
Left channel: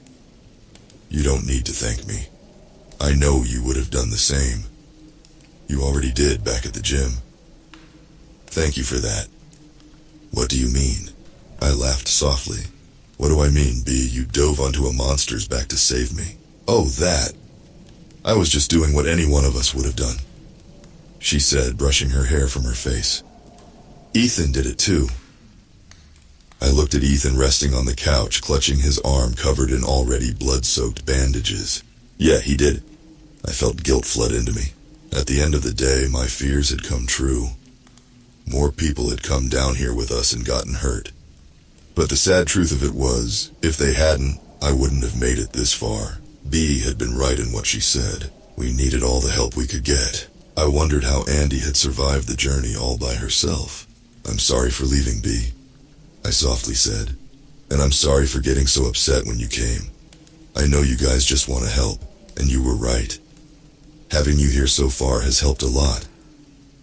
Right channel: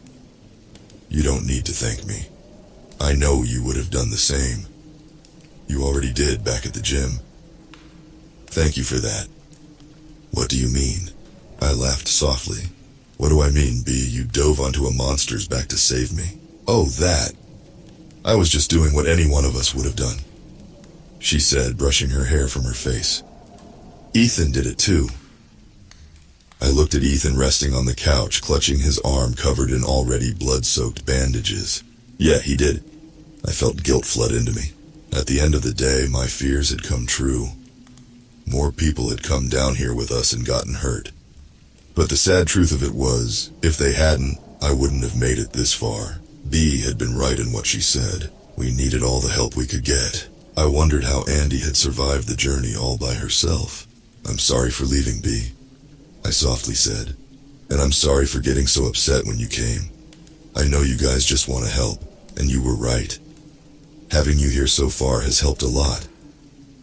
"You don't need to thank me. I know you would have done the same. You already did back at the gym. Thank you for that." "What do you mean?" I laughed softly. "What do I mean, B? You dove onto a monster's back to save me." "Oh, that. I was just doing what any one of us would have done," she said, brushing her hair from her face. "Ethan did it too." I looked at Ethan resting on the couch, clutching his arm covered in already blood-soaked bandages. "Yeah, he did." I felt guilt flood into me. At the end of the day, my fears had come true. More people had come down here with us and gotten hurt. But the sad truth of it was, if they hadn't, I wouldn't have made it this far. B had been right in what she said. We needed all the help we could get. I wondered how Andy had survived the journey all by herself. "I'm sorry for leaving, B," I softly said. "And I'm sorry for getting so upset when you came. I know you guys just want to help, and you were right. Having you here so far has helped a lot.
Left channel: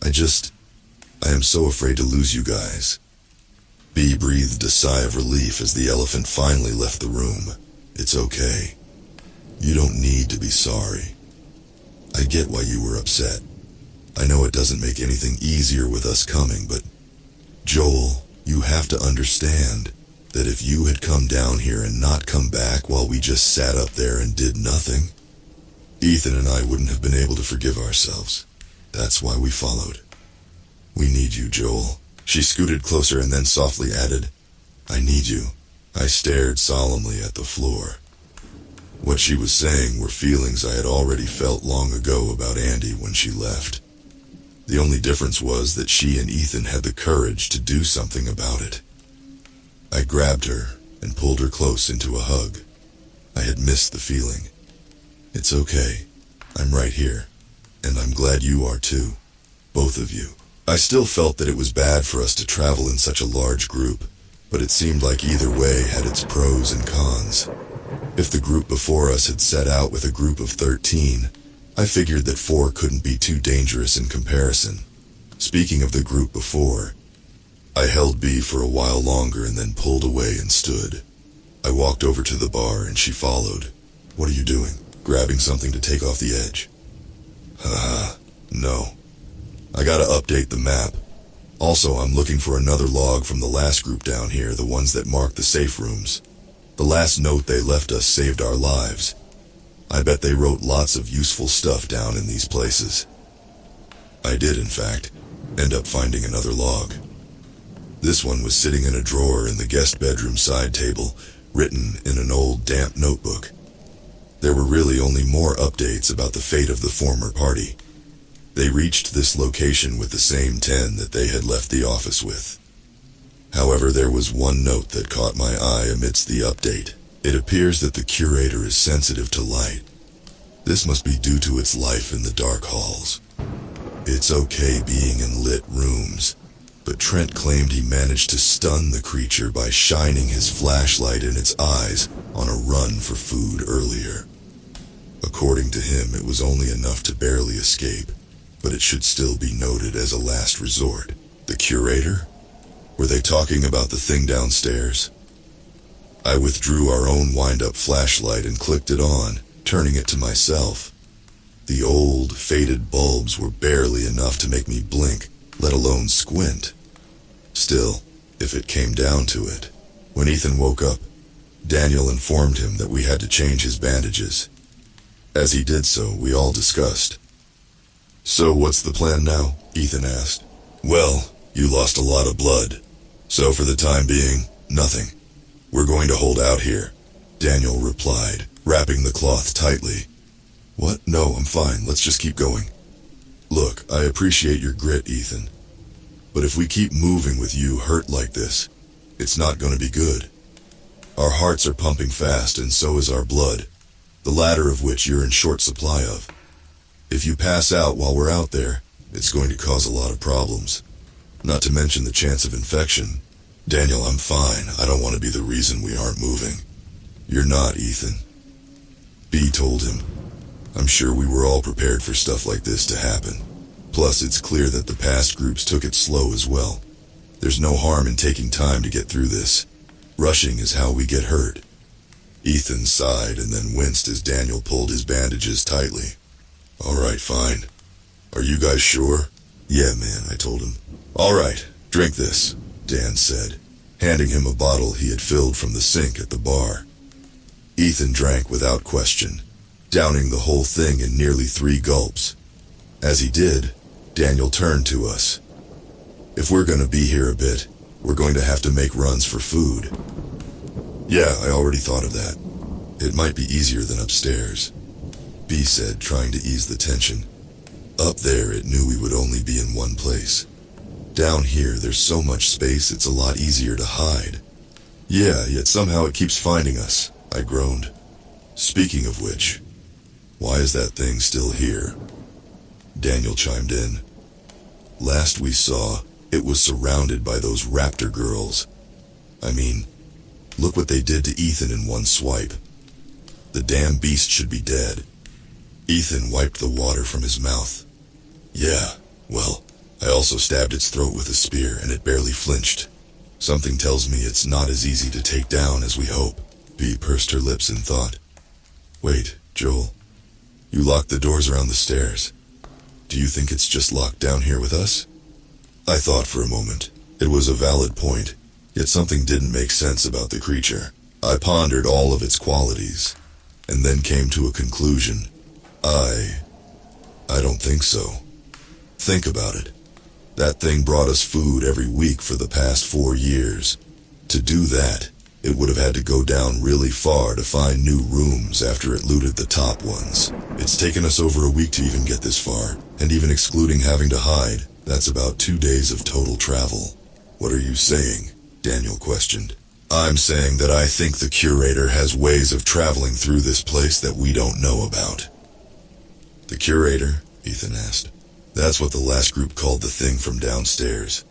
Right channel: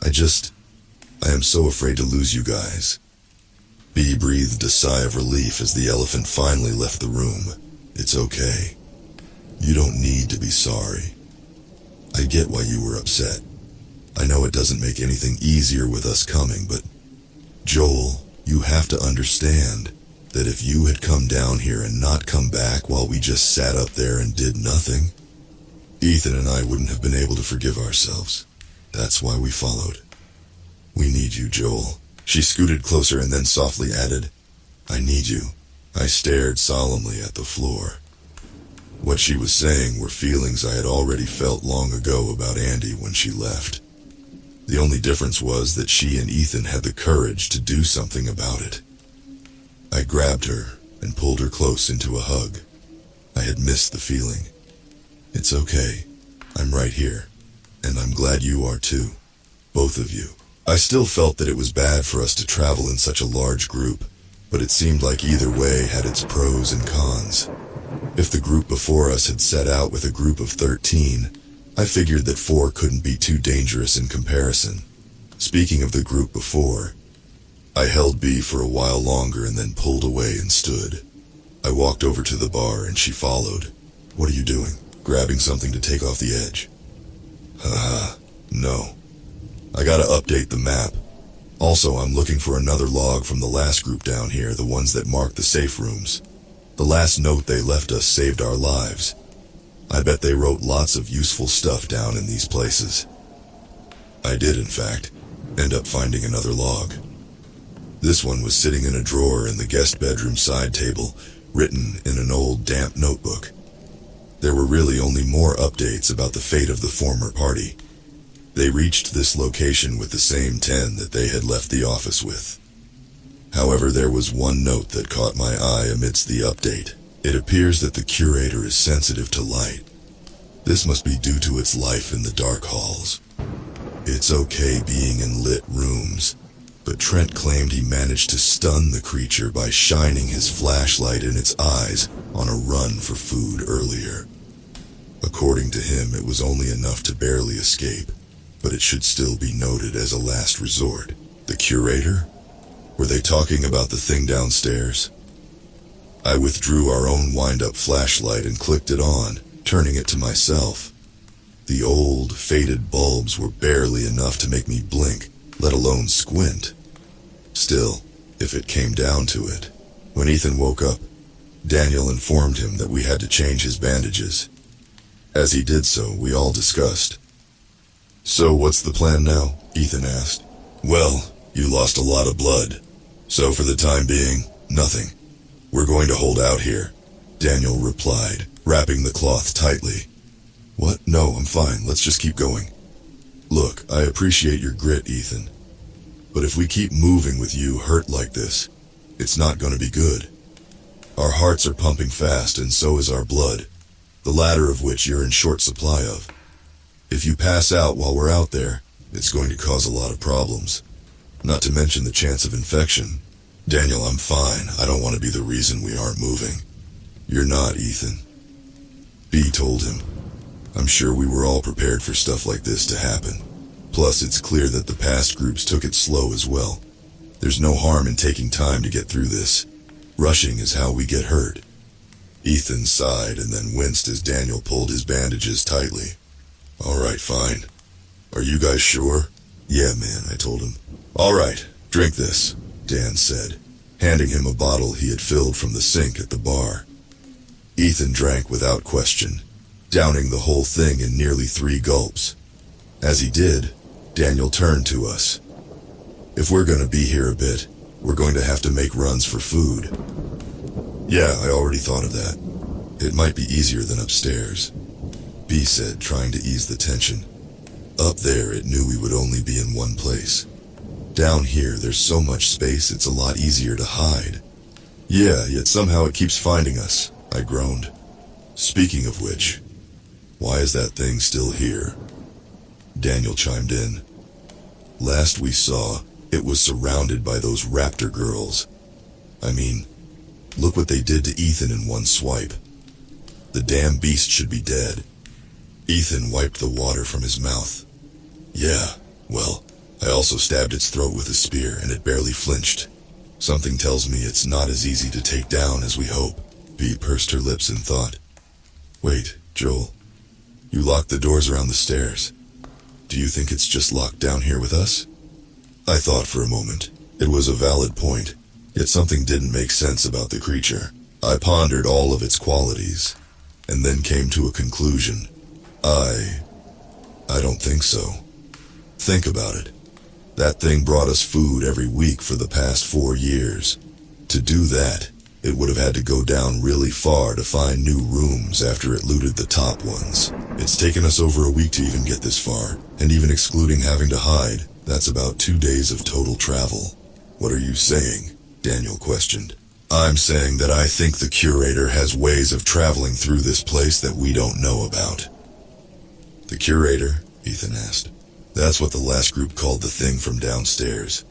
I am so afraid to lose you guys." B breathed a sigh of relief as the elephant finally left the room. "It's okay. You don't need to be sorry. I get why you were upset. I know it doesn't make anything easier with us coming, but Joel, you have to understand that if you had come down here and not come back while we just sat up there and did nothing, Ethan and I wouldn't have been able to forgive ourselves. That's why we followed. We need you, Joel." She scooted closer and then softly added, "I need you." I stared solemnly at the floor. What she was saying were feelings I had already felt long ago about Andy when she left. The only difference was that she and Ethan had the courage to do something about it. I grabbed her and pulled her close into a hug. I had missed the feeling. "It's okay. I'm right here. And I'm glad you are too. Both of you." I still felt that it was bad for us to travel in such a large group, but it seemed like either way had its pros and cons. If the group before us had set out with a group of 13, I figured that 4 couldn't be too dangerous in comparison. Speaking of the group before, I held B for a while longer and then pulled away and stood. I walked over to the bar and she followed. "What are you doing? Grabbing something to take off the edge?" "Haha, no. I gotta update the map. Also, I'm looking for another log from the last group down here, the ones that mark the safe rooms. The last note they left us saved our lives. I bet they wrote lots of useful stuff down in these places." I did, in fact, end up finding another log. This one was sitting in a drawer in the guest bedroom side table, written in an old, damp notebook. There were really only more updates about the fate of the former party. They reached this location with the same 10 that they had left the office with. However, there was one note that caught my eye amidst the update. It appears that the curator is sensitive to light. This must be due to its life in the dark halls. It's okay being in lit rooms, but Trent claimed he managed to stun the creature by shining his flashlight in its eyes on a run for food earlier. According to him, it was only enough to barely escape, but it should still be noted as a last resort. The curator? Were they talking about the thing downstairs? I withdrew our own wind-up flashlight and clicked it on, turning it to myself. The old, faded bulbs were barely enough to make me blink, let alone squint. Still, if it came down to it. When Ethan woke up, Daniel informed him that we had to change his bandages. As he did so, we all discussed. "So what's the plan now?" Ethan asked. "Well, you lost a lot of blood. So for the time being, nothing. We're going to hold out here," Daniel replied, wrapping the cloth tightly. "What? No, I'm fine. Let's just keep going." Look, I appreciate your grit, Ethan. But if we keep moving with you hurt like this, it's not gonna be good. Our hearts are pumping fast and so is our blood, the latter of which you're in short supply of. If you pass out while we're out there, it's going to cause a lot of problems. Not to mention the chance of infection. Daniel, I'm fine. I don't want to be the reason we aren't moving. You're not, Ethan. B told him. I'm sure we were all prepared for stuff like this to happen. Plus, it's clear that the past groups took it slow as well. There's no harm in taking time to get through this. Rushing is how we get hurt. Ethan sighed and then winced as Daniel pulled his bandages tightly. All right, fine. Are you guys sure? Yeah, man, I told him. All right, drink this, Dan said, handing him a bottle he had filled from the sink at the bar. Ethan drank without question, downing the whole thing in nearly 3 gulps. As he did, Daniel turned to us. If we're gonna be here a bit, we're going to have to make runs for food. Yeah, I already thought of that. It might be easier than upstairs, B said, trying to ease the tension. Up there, it knew we would only be in one place. Down here, there's so much space, it's a lot easier to hide. Yeah, yet somehow it keeps finding us, I groaned. Speaking of which, why is that thing still here? Daniel chimed in. Last we saw, it was surrounded by those raptor girls. I mean, look what they did to Ethan in one swipe. The damn beast should be dead. Ethan wiped the water from his mouth. Yeah, well, I also stabbed its throat with a spear and it barely flinched. Something tells me it's not as easy to take down as we hope. B pursed her lips in thought. Wait, Joel. You locked the doors around the stairs. Do you think it's just locked down here with us? I thought for a moment. It was a valid point, yet something didn't make sense about the creature. I pondered all of its qualities, and then came to a conclusion. I don't think so. Think about it. That thing brought us food every week for the past 4 years. To do that, it would have had to go down really far to find new rooms after it looted the top ones. It's taken us over a week to even get this far, and even excluding having to hide, that's about 2 days of total travel. What are you saying? Daniel questioned. I'm saying that I think the curator has ways of traveling through this place that we don't know about. The curator? Ethan asked. That's what the last group called the thing from downstairs.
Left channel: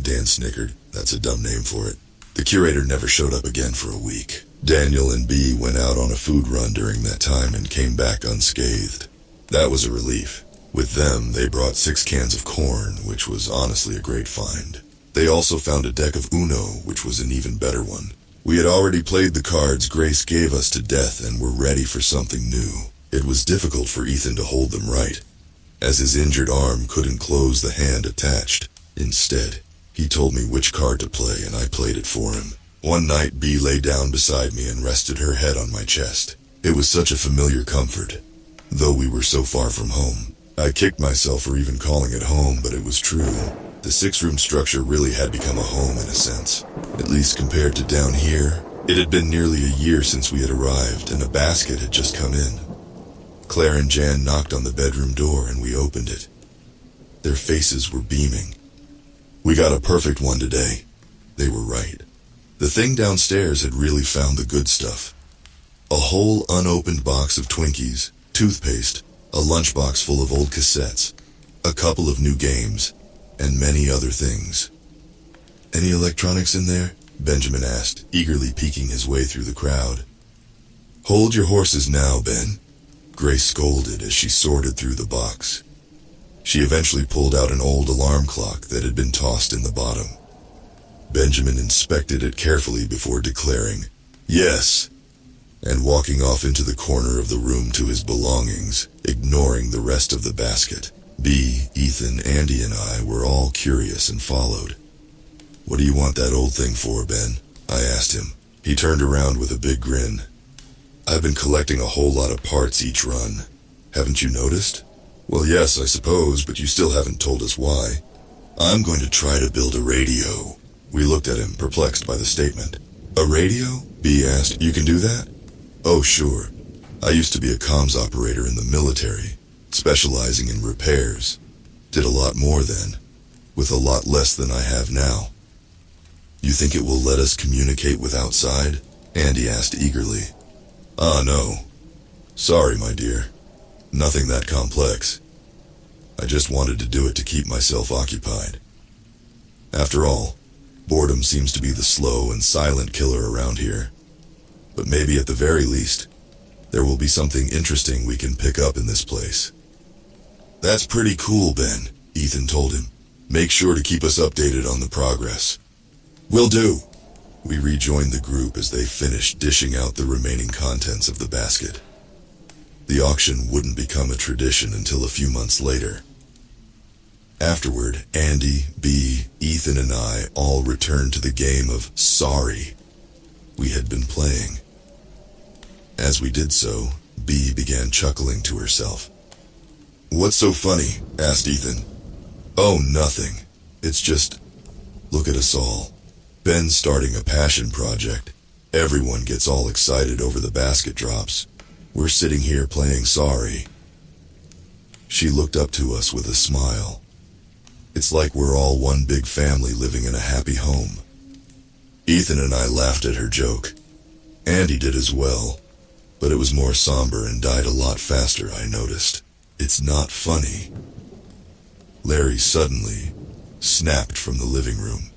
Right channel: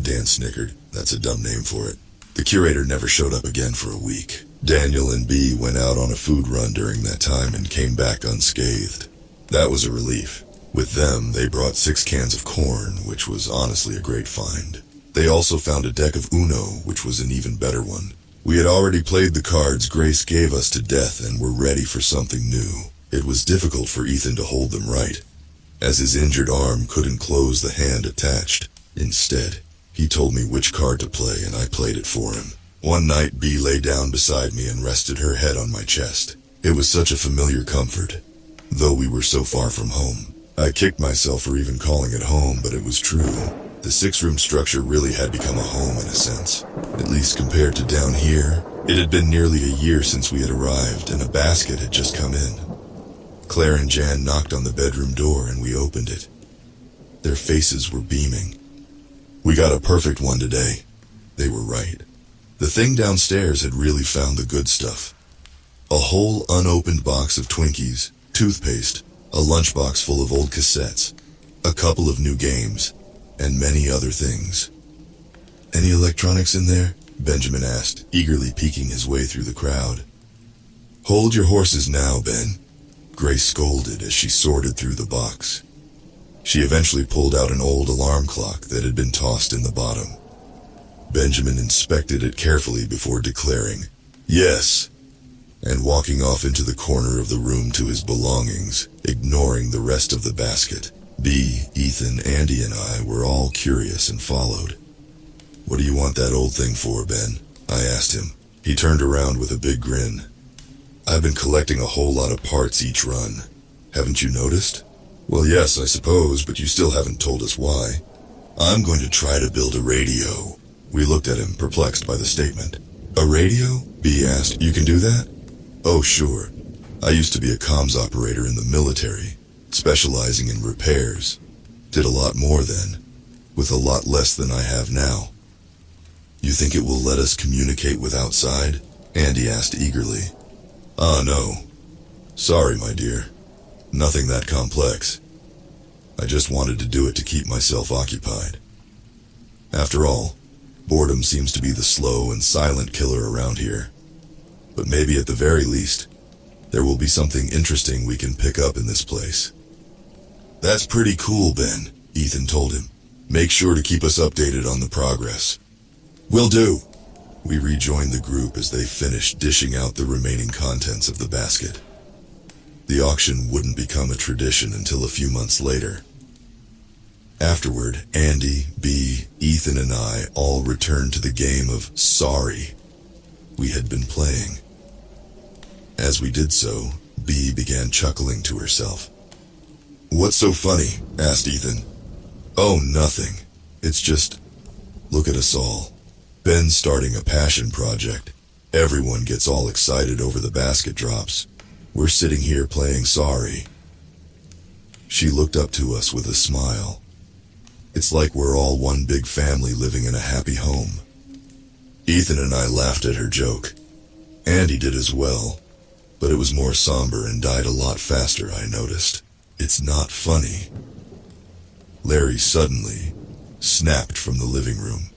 Dan snickered. That's a dumb name for it. The curator never showed up again for a week. Daniel and B went out on a food run during that time and came back unscathed. That was a relief. With them, they brought 6 cans of corn, which was honestly a great find. They also found a deck of Uno, which was an even better one. We had already played the cards Grace gave us to death and were ready for something new. It was difficult for Ethan to hold them right, as his injured arm couldn't close the hand attached. Instead, he told me which card to play and I played it for him. One night, B lay down beside me and rested her head on my chest. It was such a familiar comfort, though we were so far from home. I kicked myself for even calling it home, but it was true. The 6-room structure really had become a home in a sense. At least compared to down here, it had been nearly a year since we had arrived and a basket had just come in. Claire and Jan knocked on the bedroom door and we opened it. Their faces were beaming. We got a perfect one today. They were right. The thing downstairs had really found the good stuff. A whole unopened box of Twinkies, toothpaste, a lunchbox full of old cassettes, a couple of new games, and many other things. Any electronics in there? Benjamin asked, eagerly peeking his way through the crowd. Hold your horses now, Ben. Grace scolded as she sorted through the box. She eventually pulled out an old alarm clock that had been tossed in the bottom. Benjamin inspected it carefully before declaring, "Yes," and walking off into the corner of the room to his belongings, ignoring the rest of the basket. B, Ethan, Andy, and I were all curious and followed. "What do you want that old thing for, Ben?" I asked him. He turned around with a big grin. "I've been collecting a whole lot of parts each run. Haven't you noticed?" "Well, yes, I suppose, but you still haven't told us why." "I'm going to try to build a radio." We looked at him, perplexed by the statement. "A radio?" B asked. "You can do that?" "Oh, sure. I used to be a comms operator in the military, specializing in repairs. Did a lot more then, with a lot less than I have now. You think it will let us communicate with outside? Andy asked eagerly. No. Sorry, my dear. Nothing that complex. I just wanted to do it to keep myself occupied. After all, boredom seems to be the slow and silent killer around here. But maybe at the very least, there will be something interesting we can pick up in this place. That's pretty cool, Ben, Ethan told him. Make sure to keep us updated on the progress. Will do. We rejoined the group as they finished dishing out the remaining contents of the basket. The auction wouldn't become a tradition until a few months later. Afterward, Andy, B, Ethan, and I all returned to the game of Sorry we had been playing. As we did so, B began chuckling to herself. What's so funny? Asked Ethan. Oh, nothing. It's just, look at us all. Ben's starting a passion project. Everyone gets all excited over the basket drops. We're sitting here playing Sorry. She looked up to us with a smile. It's like we're all one big family living in a happy home. Ethan and I laughed at her joke. Andy did as well, but it was more somber and died a lot faster, I noticed. It's not funny. Larry suddenly snapped from the living room.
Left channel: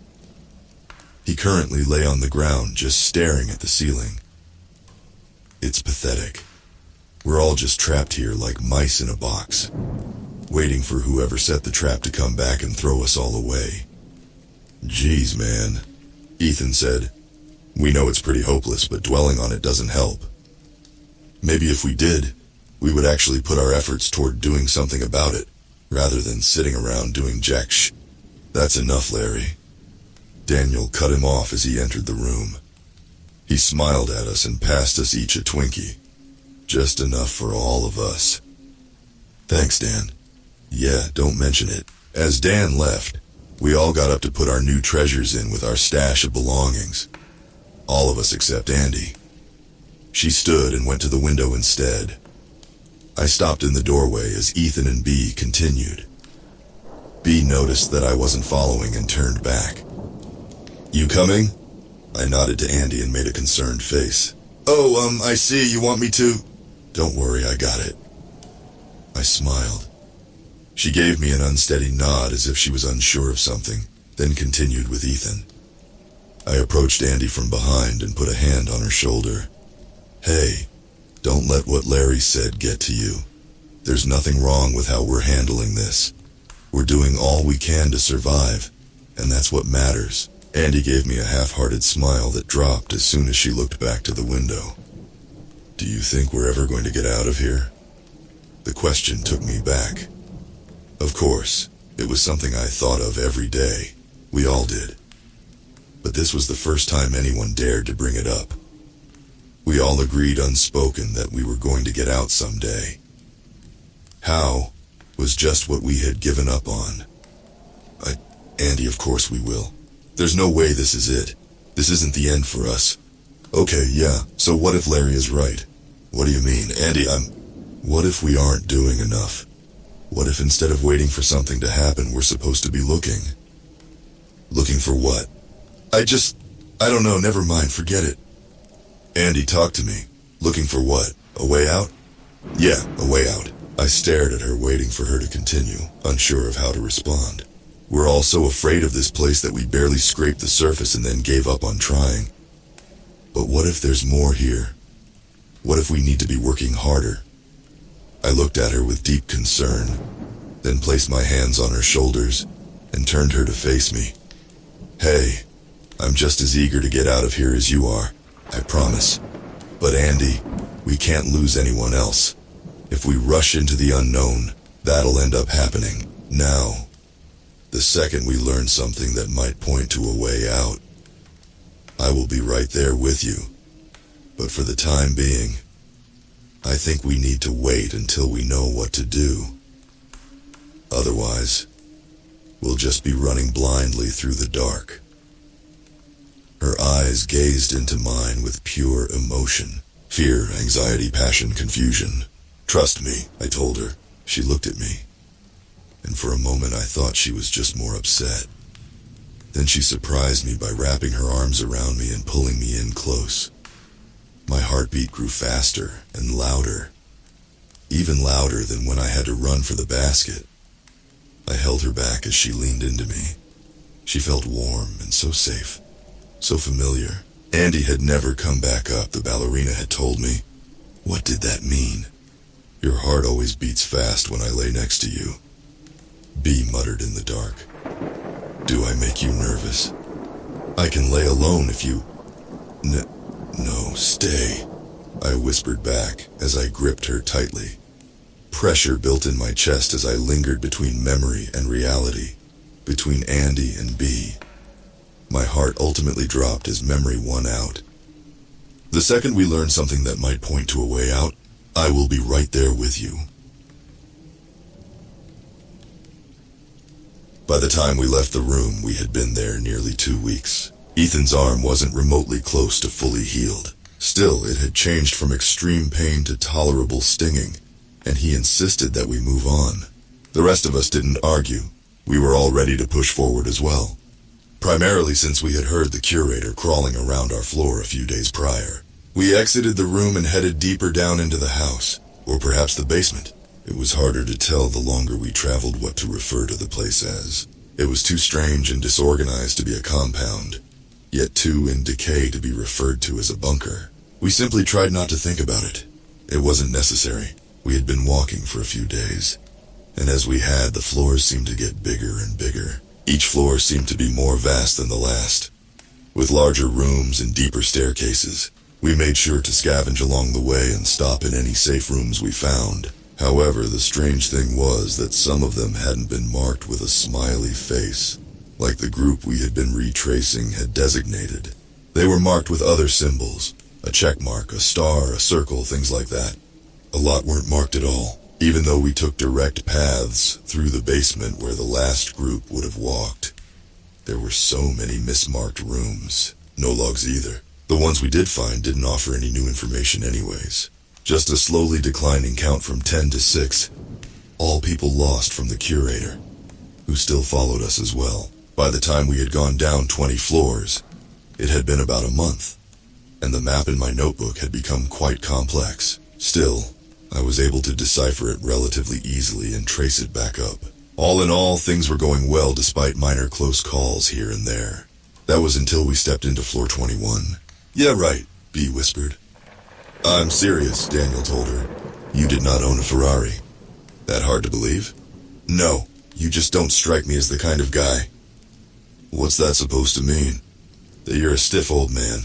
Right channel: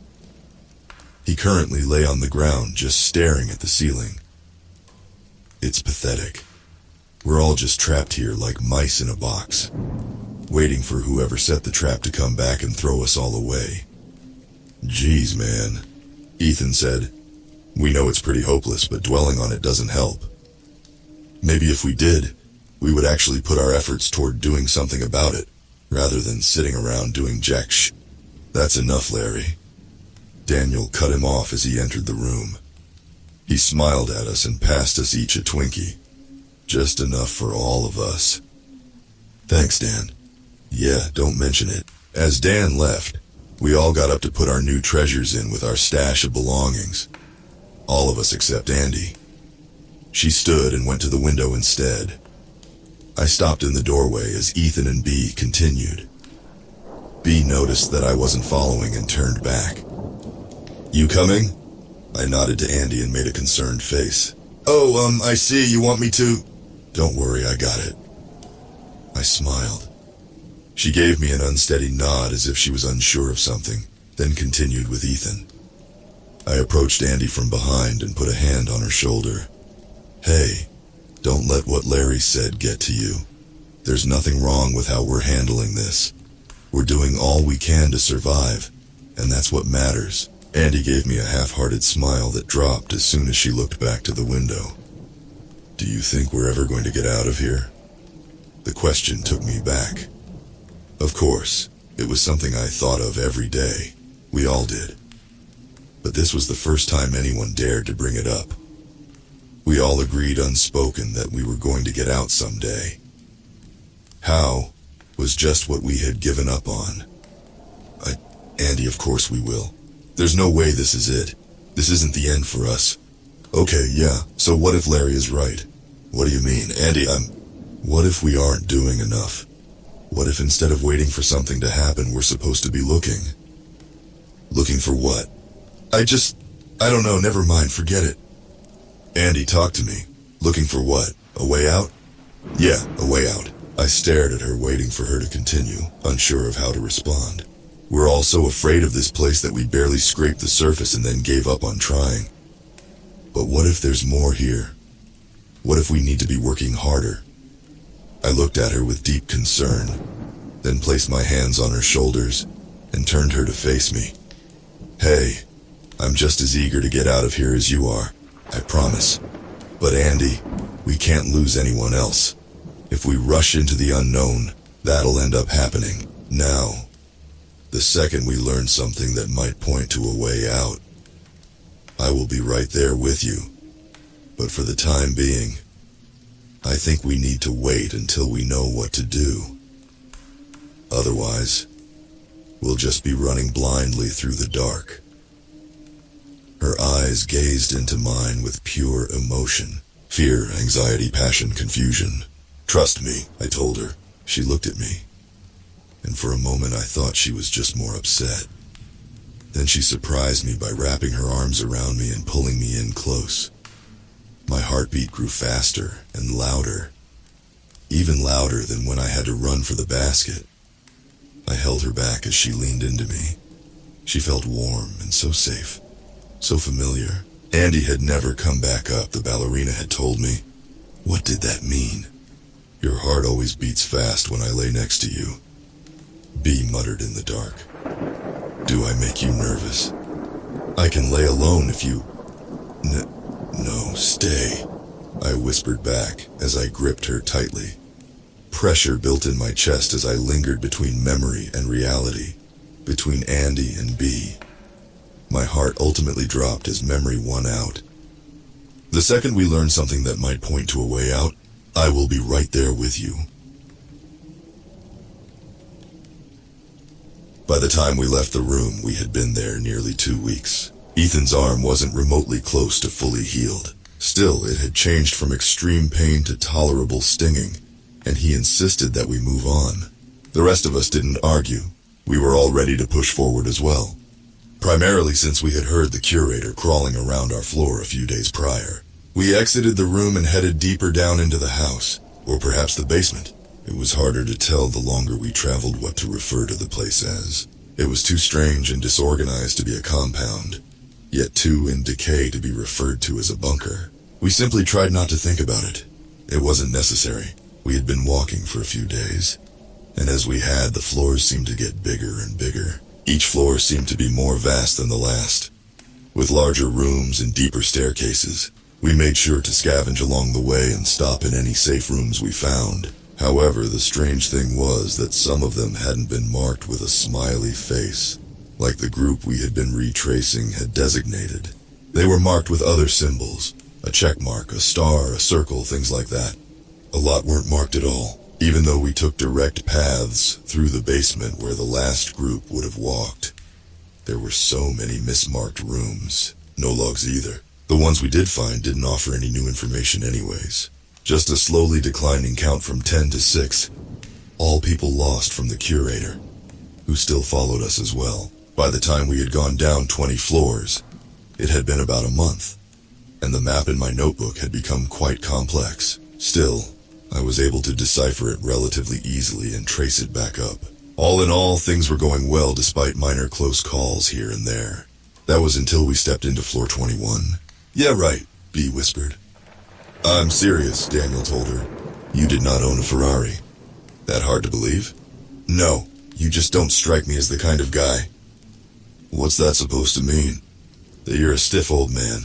He currently lay on the ground just staring at the ceiling. It's pathetic. We're all just trapped here like mice in a box, waiting for whoever set the trap to come back and throw us all away. Geez, man, Ethan said. We know it's pretty hopeless, but dwelling on it doesn't help. Maybe if we did, we would actually put our efforts toward doing something about it, rather than sitting around doing jack sh. That's enough, Larry. Daniel cut him off as he entered the room. He smiled at us and passed us each a Twinkie. Just enough for all of us. Thanks, Dan. Yeah, don't mention it. As Dan left, we all got up to put our new treasures in with our stash of belongings. All of us except Andy. She stood and went to the window instead. I stopped in the doorway as Ethan and B continued. B noticed that I wasn't following and turned back. You coming? I nodded to Andy and made a concerned face. Oh, I see, you want me to? Don't worry, I got it. I smiled. She gave me an unsteady nod as if she was unsure of something, then continued with Ethan. I approached Andy from behind and put a hand on her shoulder. Hey, don't let what Larry said get to you. There's nothing wrong with how we're handling this. We're doing all we can to survive, and that's what matters. Andy gave me a half-hearted smile that dropped as soon as she looked back to the window. Do you think we're ever going to get out of here? The question took me back. Of course, it was something I thought of every day. We all did. But this was the first time anyone dared to bring it up. We all agreed unspoken that we were going to get out someday. How was just what we had given up on. Andy, of course we will. There's no way this is it. This isn't the end for us. Okay, yeah, so what if Larry is right? What do you mean? Andy, what if we aren't doing enough? What if instead of waiting for something to happen, we're supposed to be looking? Looking for what? I don't know, never mind, forget it. Andy, talk to me. Looking for what? A way out? Yeah, a way out. I stared at her, waiting for her to continue, unsure of how to respond. We're all so afraid of this place that we barely scraped the surface and then gave up on trying. But what if there's more here? What if we need to be working harder? I looked at her with deep concern, then placed my hands on her shoulders and turned her to face me. Hey, I'm just as eager to get out of here as you are, I promise. But Andy, we can't lose anyone else. If we rush into the unknown, that'll end up happening now. The second we learn something that might point to a way out, I will be right there with you. But for the time being, I think we need to wait until we know what to do. Otherwise, we'll just be running blindly through the dark. Her eyes gazed into mine with pure emotion. Fear, anxiety, passion, confusion. Trust me, I told her. She looked at me. and for a moment I thought she was just more upset. Then she surprised me by wrapping her arms around me and pulling me in close. My heartbeat grew faster and louder, even louder than when I had to run for the basket. I held her back as she leaned into me. She felt warm and so safe, so familiar. Andy had never come back up, the ballerina had told me. What did that mean? Your heart always beats fast when I lay next to you, B muttered in the dark. Do I make you nervous? I can lay alone if you... No, stay, I whispered back as I gripped her tightly. Pressure built in my chest as I lingered between memory and reality, between Andy and B. My heart ultimately dropped as memory won out. The second we learn something that might point to a way out, I will be right there with you. By the time we left the room, we had been there nearly 2 weeks. Ethan's arm wasn't remotely close to fully healed. Still, it had changed from extreme pain to tolerable stinging, and he insisted that we move on. The rest of us didn't argue. We were all ready to push forward as well. Primarily since we had heard the curator crawling around our floor a few days prior. We exited the room and headed deeper down into the house, or perhaps the basement. It was harder to tell the longer we traveled what to refer to the place as. It was too strange and disorganized to be a compound, yet too in decay to be referred to as a bunker. We simply tried not to think about it. It wasn't necessary. We had been walking for a few days, and as we had, the floors seemed to get bigger and bigger. Each floor seemed to be more vast than the last, with larger rooms and deeper staircases. We made sure to scavenge along the way and stop in any safe rooms we found. However, the strange thing was that some of them hadn't been marked with a smiley face, like the group we had been retracing had designated. They were marked with other symbols, a check mark, a star, a circle, things like that. A lot weren't marked at all, even though we took direct paths through the basement where the last group would have walked. There were so many mismarked rooms, no logs either. The ones we did find didn't offer any new information anyways. Just a slowly declining count from 10 to 6. All people lost from the curator, who still followed us as well. By the time we had gone down 20 floors, it had been about a month, and the map in my notebook had become quite complex. Still, I was able to decipher it relatively easily and trace it back up. All in all, things were going well despite minor close calls here and there. That was until we stepped into floor 21. Yeah, right, B whispered. I'm serious, Daniel told her. You did not own a Ferrari. That hard to believe? No, you just don't strike me as the kind of guy. What's that supposed to mean? That you're a stiff old man,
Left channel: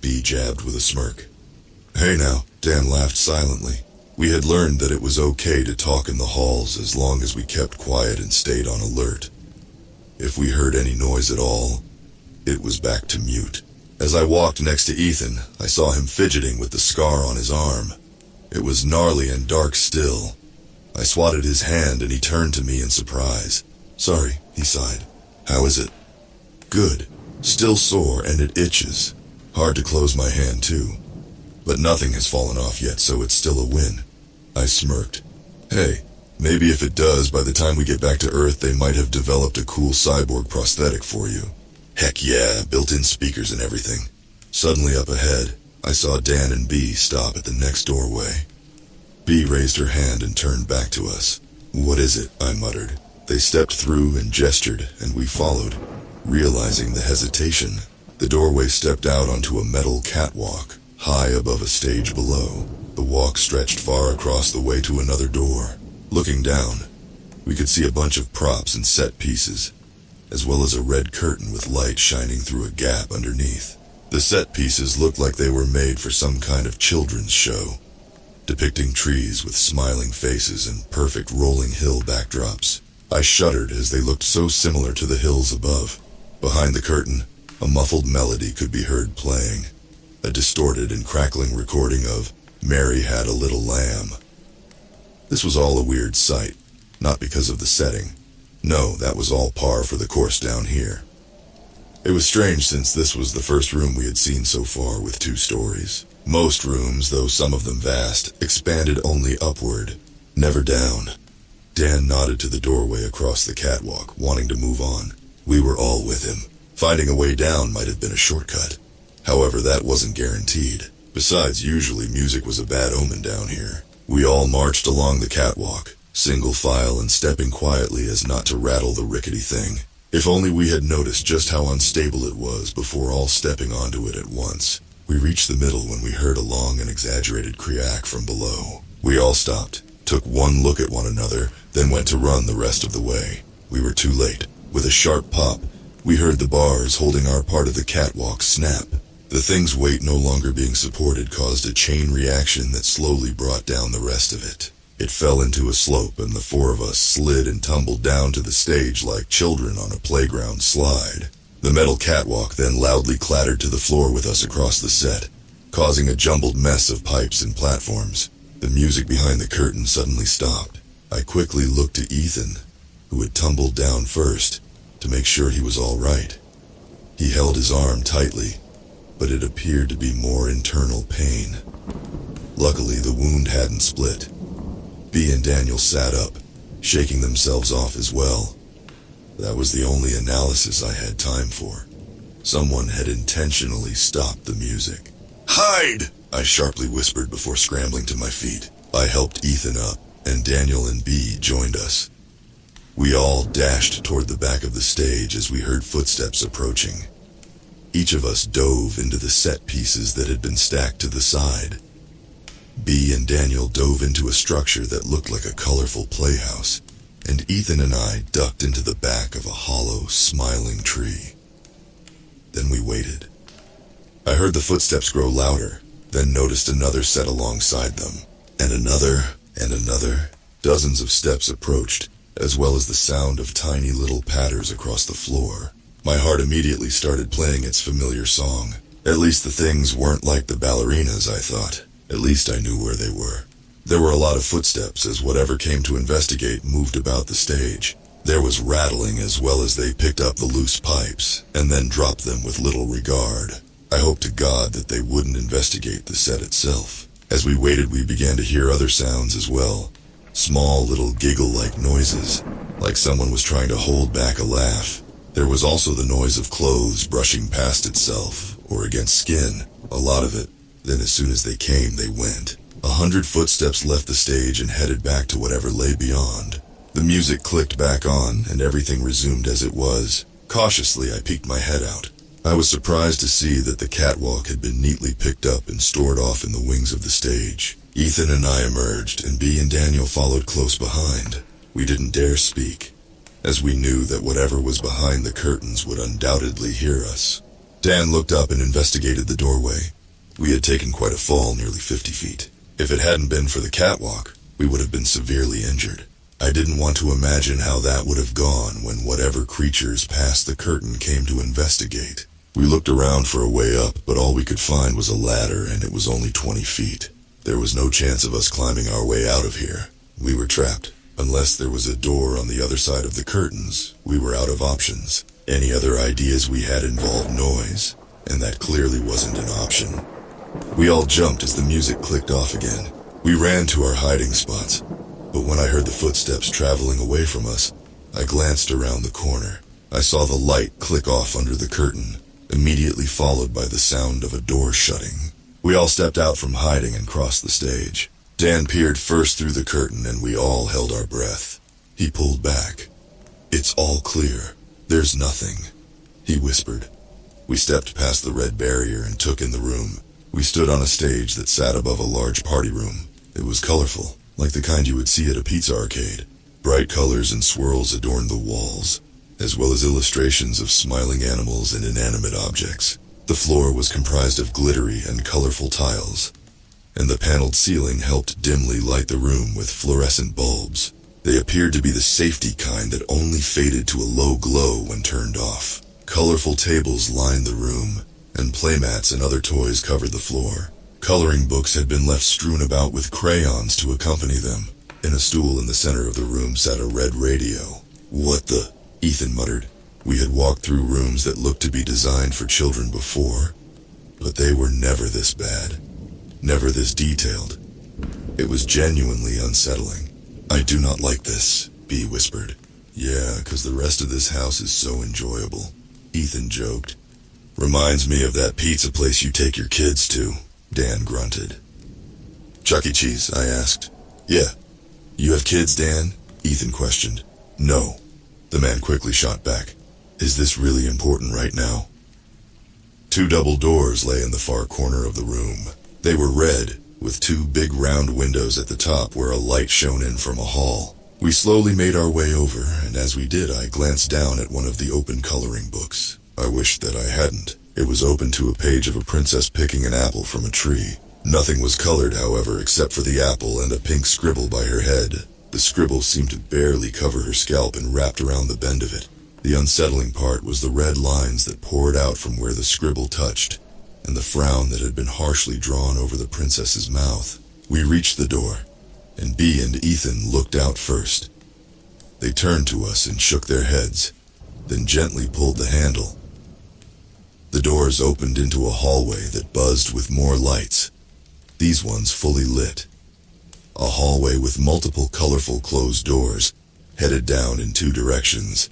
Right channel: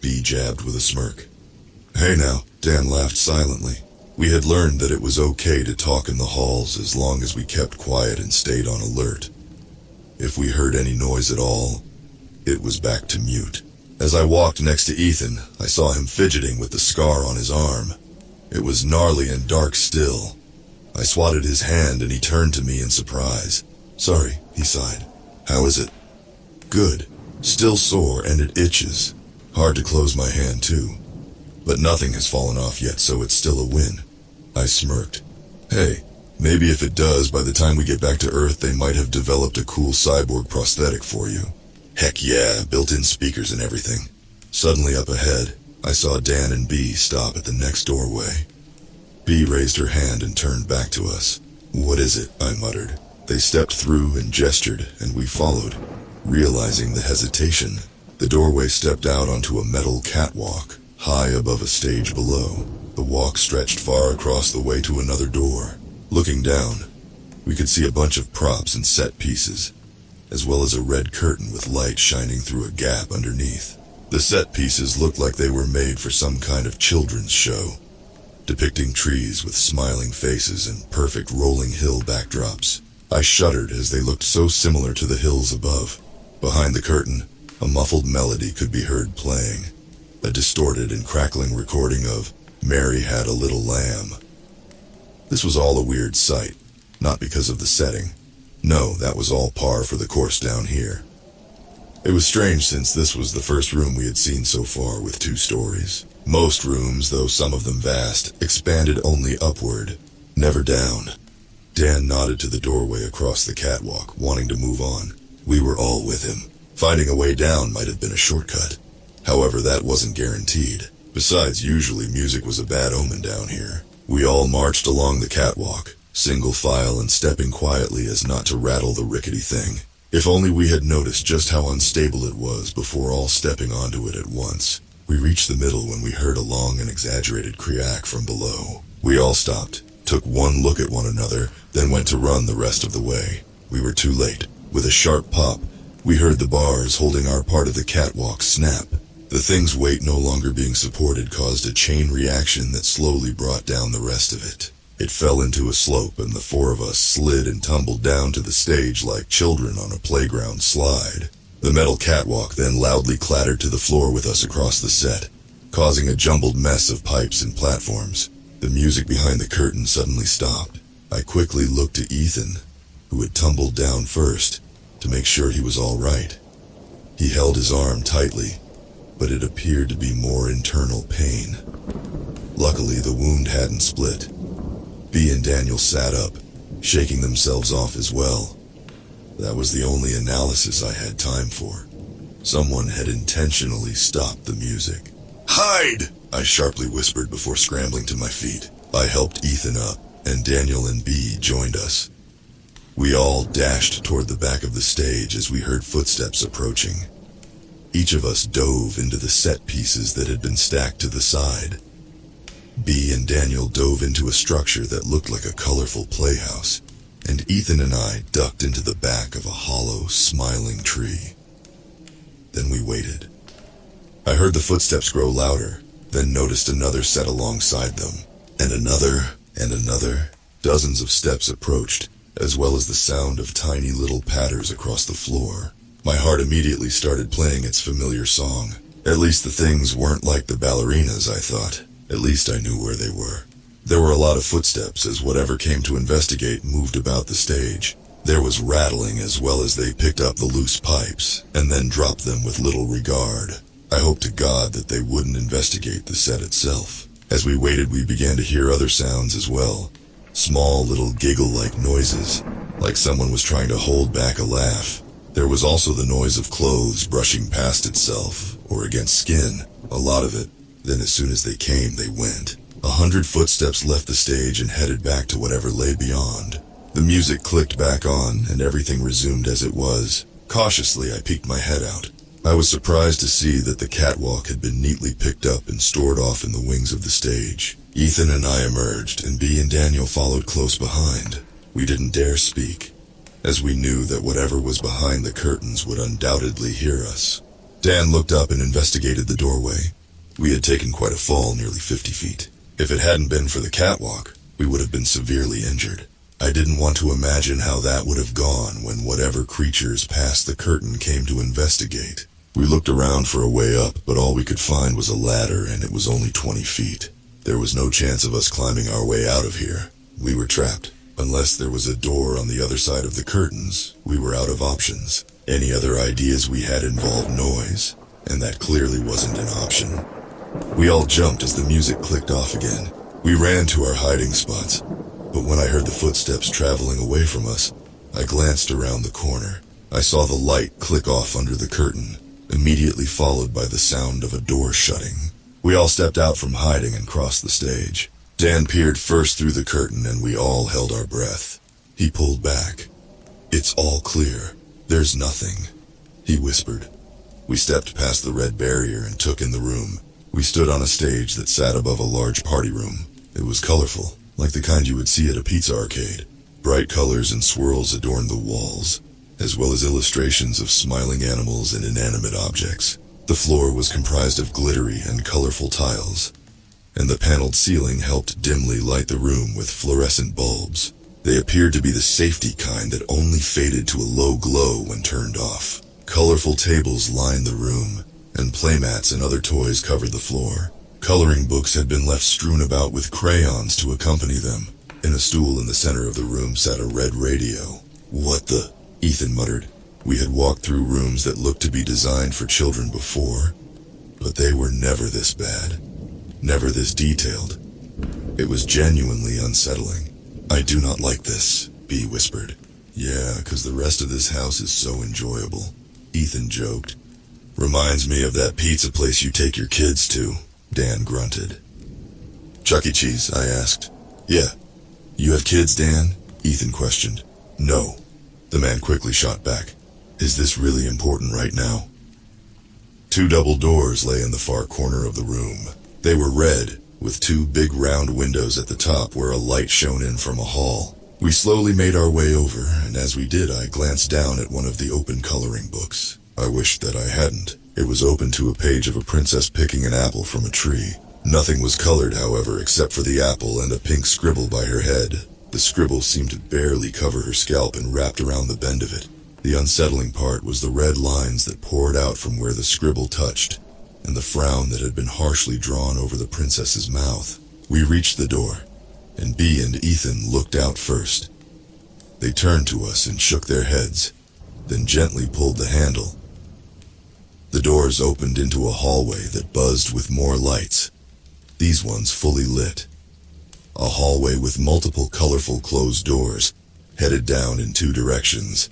B jabbed with a smirk. Hey now, Dan laughed silently. We had learned that it was okay to talk in the halls as long as we kept quiet and stayed on alert. If we heard any noise at all, it was back to mute. As I walked next to Ethan, I saw him fidgeting with the scar on his arm. It was gnarly and dark still. I swatted his hand and he turned to me in surprise. Sorry, he sighed. How is it? Good. Still sore and it itches. Hard to close my hand too. But nothing has fallen off yet, so it's still a win. I smirked. Hey, maybe if it does, by the time we get back to Earth, they might have developed a cool cyborg prosthetic for you. Heck yeah, built-in speakers and everything. Suddenly up ahead, I saw Dan and B stop at the next doorway. B raised her hand and turned back to us. What is it? I muttered. They stepped through and gestured, and we followed. Realizing the hesitation, the doorway stepped out onto a metal catwalk, high above a stage below. The walk stretched far across the way to another door. Looking down, we could see a bunch of props and set pieces, as well as a red curtain with light shining through a gap underneath. The set pieces looked like they were made for some kind of children's show, depicting trees with smiling faces and perfect rolling hill backdrops. I shuddered as they looked so similar to the hills above. Behind the curtain, a muffled melody could be heard playing, a distorted and crackling recording of Mary Had a Little Lamb. This was all a weird sight, not because of the setting. No, that was all par for the course down here. It was strange since this was the first room we had seen so far with 2 stories. Most rooms, though some of them vast, expanded only upward, never down. Dan nodded to the doorway across the catwalk, wanting to move on. We were all with him. Finding a way down might have been a shortcut. However, that wasn't guaranteed. Besides, usually music was a bad omen down here. We all marched along the catwalk, single file and stepping quietly as not to rattle the rickety thing. If only we had noticed just how unstable it was before all stepping onto it at once. We reached the middle when we heard a long and exaggerated creak from below. We all stopped, took one look at one another, then went to run the rest of the way. We were too late. With a sharp pop, we heard the bars holding our part of the catwalk snap. The thing's weight no longer being supported caused a chain reaction that slowly brought down the rest of it. It fell into a slope and the four of us slid and tumbled down to the stage like children on a playground slide. The metal catwalk then loudly clattered to the floor with us across the set, causing a jumbled mess of pipes and platforms. The music behind the curtain suddenly stopped. I quickly looked to Ethan, who had tumbled down first, to make sure he was all right. He held his arm tightly, but it appeared to be more internal pain. Luckily, the wound hadn't split. B and Daniel sat up, shaking themselves off as well. That was the only analysis I had time for. Someone had intentionally stopped the music. "Hide!" I sharply whispered before scrambling to my feet. I helped Ethan up, and Daniel and B joined us. We all dashed toward the back of the stage as we heard footsteps approaching. Each of us dove into the set pieces that had been stacked to the side. B and Daniel dove into a structure that looked like a colorful playhouse, and Ethan and I ducked into the back of a hollow, smiling tree. Then we waited. I heard the footsteps grow louder, then noticed another set alongside them, and another, and another. Dozens of steps approached, as well as the sound of tiny little patters across the floor. My heart immediately started playing its familiar song. At least the things weren't like the ballerinas, I thought. At least I knew where they were. There were a lot of footsteps as whatever came to investigate moved about the stage. There was rattling as well as they picked up the loose pipes, and then dropped them with little regard. I hoped to God that they wouldn't investigate the set itself. As we waited, we began to hear other sounds as well. Small little giggle-like noises, like someone was trying to hold back a laugh. There was also the noise of clothes brushing past itself, or against skin, a lot of it. Then as soon as they came, they went. 100 footsteps left the stage and headed back to whatever lay beyond. The music clicked back on, and everything resumed as it was. Cautiously, I peeked my head out. I was surprised to see that the catwalk had been neatly picked up and stored off in the wings of the stage. Ethan and I emerged, and B and Daniel followed close behind. We didn't dare speak, as we knew that whatever was behind the curtains would undoubtedly hear us. Dan looked up and investigated the doorway. We had taken quite a fall, nearly 50 feet. If it hadn't been for the catwalk, we would have been severely injured. I didn't want to imagine how that would have gone when whatever creatures past the curtain came to investigate. We looked around for a way up, but all we could find was a ladder, and it was only 20 feet. There was no chance of us climbing our way out of here. We were trapped. Unless there was a door on the other side of the curtains, we were out of options. Any other ideas we had involved noise, and that clearly wasn't an option. We all jumped as the music clicked off again. We ran to our hiding spots, but when I heard the footsteps traveling away from us, I glanced around the corner. I saw the light click off under the curtain, immediately followed by the sound of a door shutting. We all stepped out from hiding and crossed the stage. Dan peered first through the curtain and we all held our breath. He pulled back. "It's all clear. There's nothing," he whispered. We stepped past the red barrier and took in the room. We stood on a stage that sat above a large party room. It was colorful, like the kind you would see at a pizza arcade. Bright colors and swirls adorned the walls, as well as illustrations of smiling animals and inanimate objects. The floor was comprised of glittery and colorful tiles, and the paneled ceiling helped dimly light the room with fluorescent bulbs. They appeared to be the safety kind that only faded to a low glow when turned off. Colorful tables lined the room, and playmats and other toys covered the floor. Coloring books had been left strewn about with crayons to accompany them. In a stool in the center of the room sat a red radio. "What the?" Ethan muttered. We had walked through rooms that looked to be designed for children before, but they were never this bad, never this detailed. It was genuinely unsettling. I do not like this, B whispered. Yeah, 'cause the rest of this house is so enjoyable, Ethan joked. Reminds me of that pizza place you take your kids to, Dan grunted. Chuck E. Cheese, I asked. Yeah. You have kids, Dan? Ethan questioned. No. The man quickly shot back. Is this really important right now? Two double doors lay in the far corner of the room. They were red, with two big round windows at the top where a light shone in from a hall. We slowly made our way over, and as we did I glanced down at one of the open coloring books. I wished that I hadn't. It was open to a page of a princess picking an apple from a tree. Nothing was colored, however, except for the apple and a pink scribble by her head. The scribble seemed to barely cover her scalp and wrapped around the bend of it. The unsettling part was the red lines that poured out from where the scribble touched, and the frown that had been harshly drawn over the princess's mouth. We reached the door, and Bea and Ethan looked out first. They turned to us and shook their heads, then gently pulled the handle. The doors opened into a hallway that buzzed with more lights, these ones fully lit. A hallway with multiple colorful closed doors, headed down in two directions,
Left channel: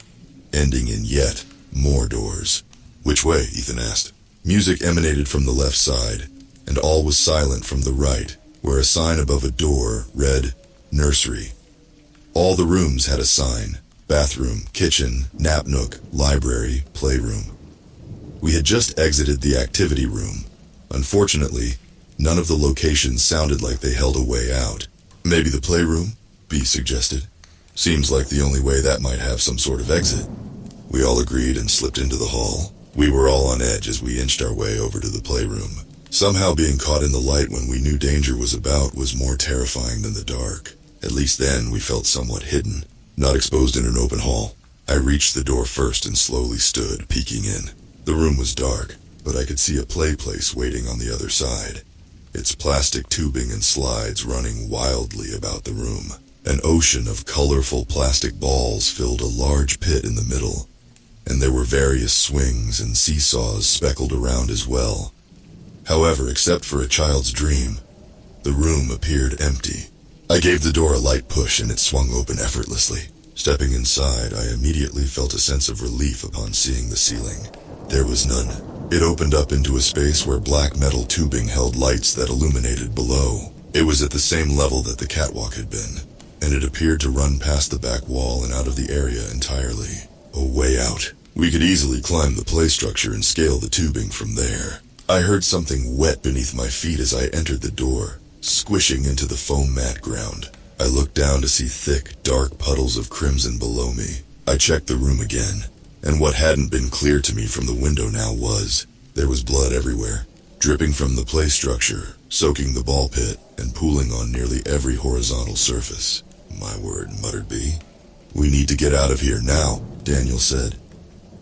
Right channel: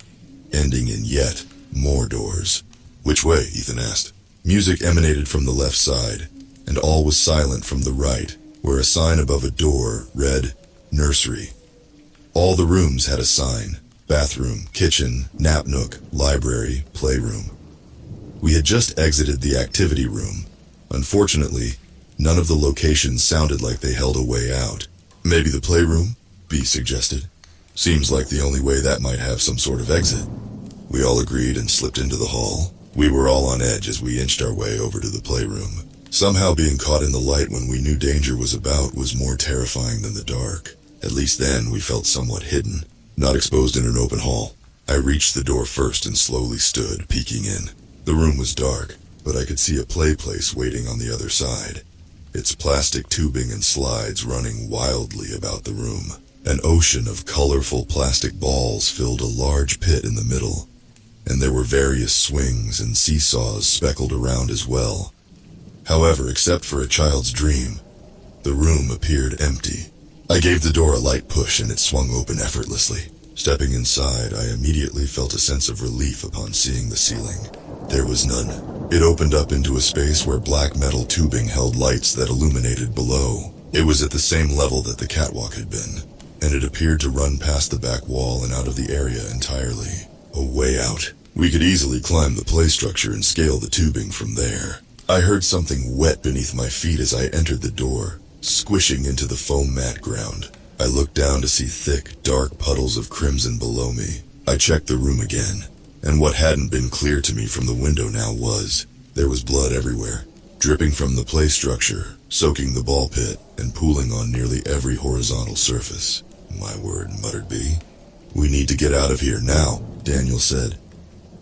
ending in yet more doors. Which way? Ethan asked. Music emanated from the left side, and all was silent from the right, where a sign above a door read, Nursery. All the rooms had a sign: bathroom, kitchen, nap nook, library, playroom. We had just exited the activity room. Unfortunately, none of the locations sounded like they held a way out. Maybe the playroom? B suggested. Seems like the only way that might have some sort of exit. We all agreed and slipped into the hall. We were all on edge as we inched our way over to the playroom. Somehow being caught in the light when we knew danger was about was more terrifying than the dark. At least then we felt somewhat hidden, not exposed in an open hall. I reached the door first and slowly stood, peeking in. The room was dark, but I could see a play place waiting on the other side. Its plastic tubing and slides running wildly about the room. An ocean of colorful plastic balls filled a large pit in the middle, and there were various swings and seesaws speckled around as well. However, except for a child's dream, the room appeared empty. I gave the door a light push and it swung open effortlessly. Stepping inside, I immediately felt a sense of relief upon seeing the ceiling. There was none. It opened up into a space where black metal tubing held lights that illuminated below. It was at the same level that the catwalk had been, and it appeared to run past the back wall and out of the area entirely. A way out. We could easily climb the play structure and scale the tubing from there. I heard something wet beneath my feet as I entered the door, squishing into the foam mat ground. I looked down to see thick, dark puddles of crimson below me. I checked the room again, and what hadn't been clear to me from the window now was, there was blood everywhere, dripping from the play structure, soaking the ball pit, and pooling on nearly every horizontal surface. My word, muttered B. We need to get out of here now, Daniel said.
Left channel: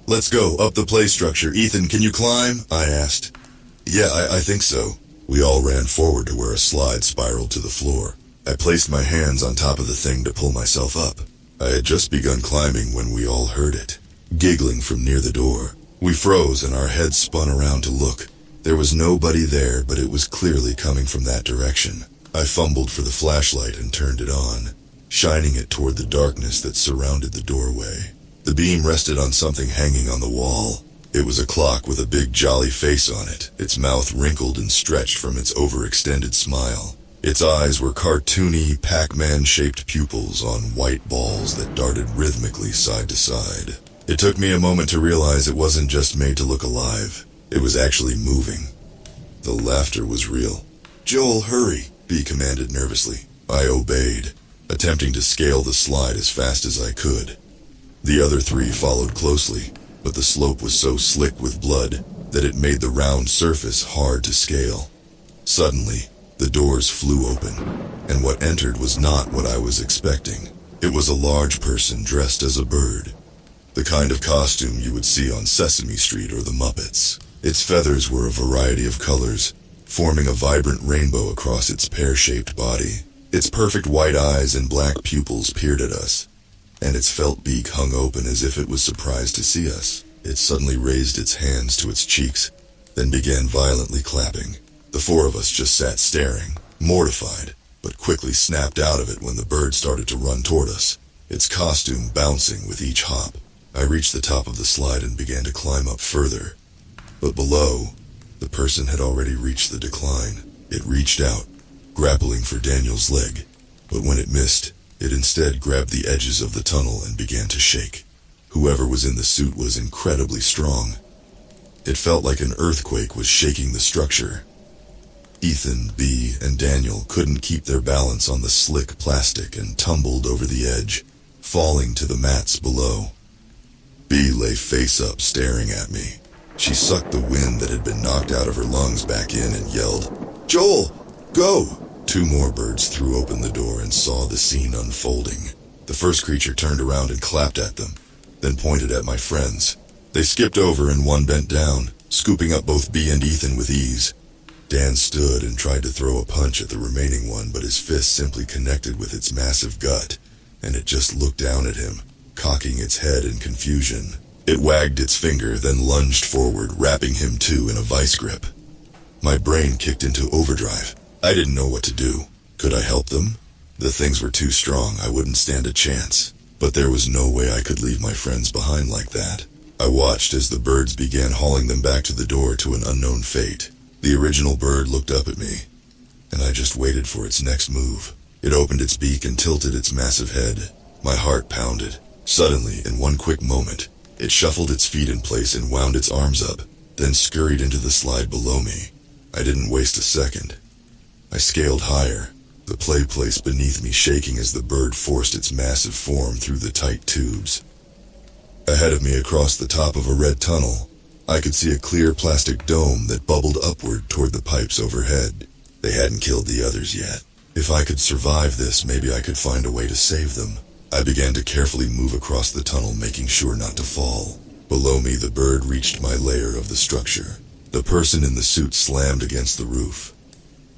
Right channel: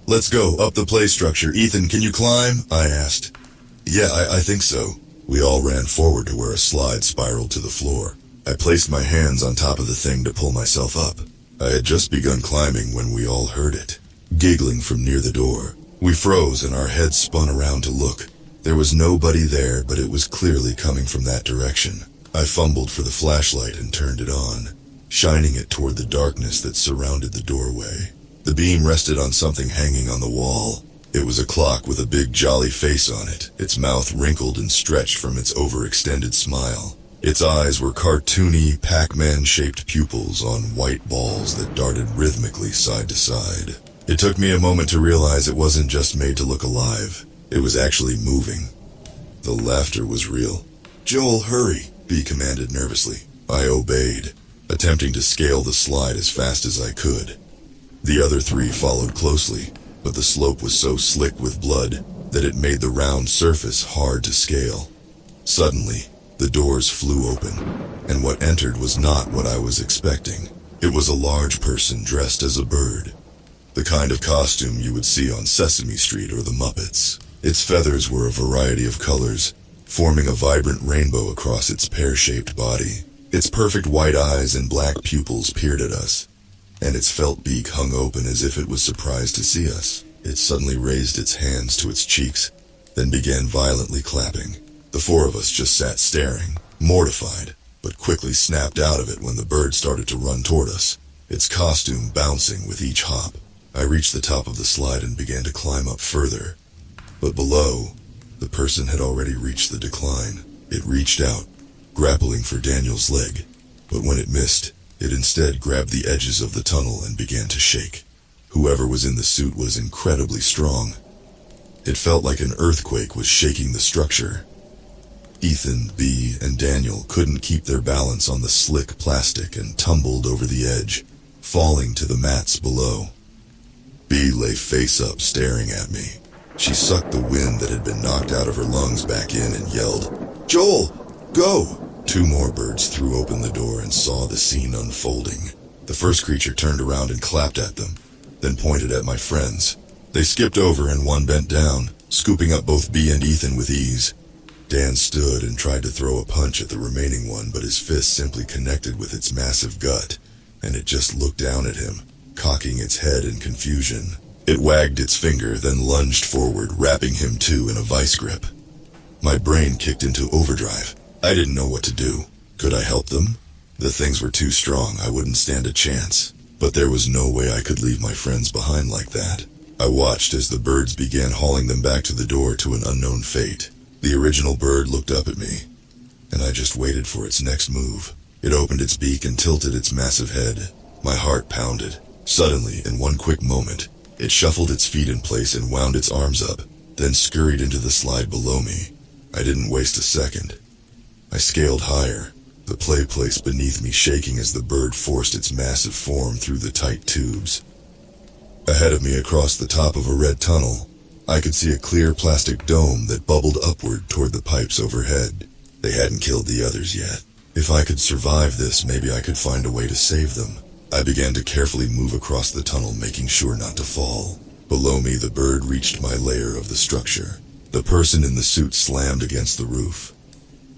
Let's go, up the play structure. Ethan, can you climb? I asked. Yeah, I think so. We all ran forward to where a slide spiraled to the floor. I placed my hands on top of the thing to pull myself up. I had just begun climbing when we all heard it, giggling from near the door. We froze and our heads spun around to look. There was nobody there, but it was clearly coming from that direction. I fumbled for the flashlight and turned it on, shining it toward the darkness that surrounded the doorway. The beam rested on something hanging on the wall. It was a clock with a big jolly face on it, its mouth wrinkled and stretched from its overextended smile. Its eyes were cartoony, Pac-Man-shaped pupils on white balls that darted rhythmically side to side. It took me a moment to realize it wasn't just made to look alive. It was actually moving. The laughter was real. Joel, hurry, B commanded nervously. I obeyed, attempting to scale the slide as fast as I could. The other three followed closely, but the slope was so slick with blood that it made the round surface hard to scale. Suddenly, the doors flew open, and what entered was not what I was expecting. It was a large person dressed as a bird, the kind of costume you would see on Sesame Street or the Muppets. Its feathers were a variety of colors, forming a vibrant rainbow across its pear-shaped body. Its perfect white eyes and black pupils peered at us, and its felt beak hung open as if it was surprised to see us. It suddenly raised its hands to its cheeks, then began violently clapping. The four of us just sat staring, mortified. but quickly snapped out of it when the bird started to run toward us, its costume bouncing with each hop. I reached the top of the slide and began to climb up further. But below, the person had already reached the decline. It reached out, grappling for Daniel's leg, but when it missed, it instead grabbed the edges of the tunnel and began to shake. Whoever was in the suit was incredibly strong. It felt like an earthquake was shaking the structure. Ethan, B, and Daniel couldn't keep their balance on the slick plastic and tumbled over the edge, falling to the mats below. B lay face up staring at me. She sucked the wind that had been knocked out of her lungs back in and yelled, "Joel, go!" Two more birds threw open the door and saw the scene unfolding. The first creature turned around and clapped at them, then pointed at my friends. They skipped over and one bent down, scooping up both B and Ethan with ease. Dan stood and tried to throw a punch at the remaining one, but his fist simply connected with its massive gut, and it just looked down at him, cocking its head in confusion. It wagged its finger, then lunged forward, wrapping him too in a vice grip. My brain kicked into overdrive. I didn't know what to do. Could I help them? The things were too strong, I wouldn't stand a chance. But there was no way I could leave my friends behind like that. I watched as the birds began hauling them back to the door to an unknown fate. The original bird looked up at me, and I just waited for its next move. It opened its beak and tilted its massive head. My heart pounded. Suddenly, in one quick moment, it shuffled its feet in place and wound its arms up, then scurried into the slide below me. I didn't waste a second. I scaled higher, the play place beneath me shaking as the bird forced its massive form through the tight tubes. Ahead of me across the top of a red tunnel, I could see a clear plastic dome that bubbled upward toward the pipes overhead. They hadn't killed the others yet. If I could survive this, maybe I could find a way to save them. I began to carefully move across the tunnel, making sure not to fall. Below me, the bird reached my layer of the structure. The person in the suit slammed against the roof,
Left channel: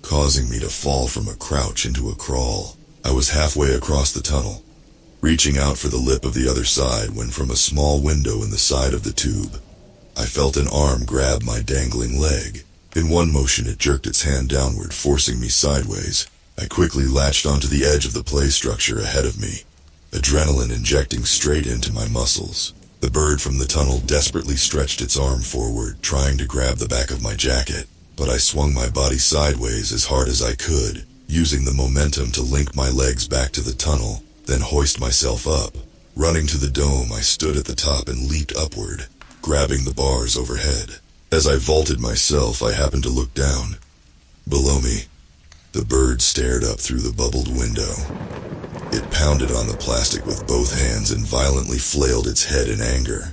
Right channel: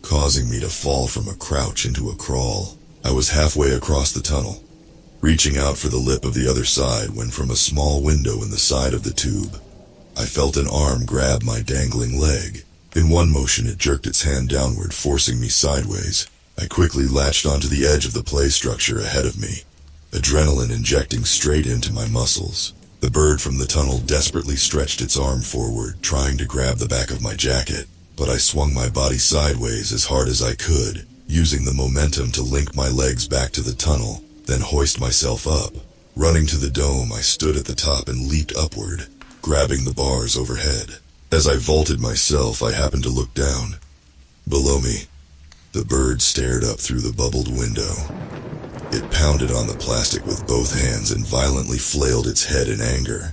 causing me to fall from a crouch into a crawl. I was halfway across the tunnel, reaching out for the lip of the other side when from a small window in the side of the tube, I felt an arm grab my dangling leg. In one motion, it jerked its hand downward, forcing me sideways. I quickly latched onto the edge of the play structure ahead of me, adrenaline injecting straight into my muscles. The bird from the tunnel desperately stretched its arm forward, trying to grab the back of my jacket, but I swung my body sideways as hard as I could, using the momentum to link my legs back to the tunnel, then hoist myself up. Running to the dome, I stood at the top and leaped upward, grabbing the bars overhead. As I vaulted myself, I happened to look down. Below me, the bird stared up through the bubbled window. It pounded on the plastic with both hands and violently flailed its head in anger.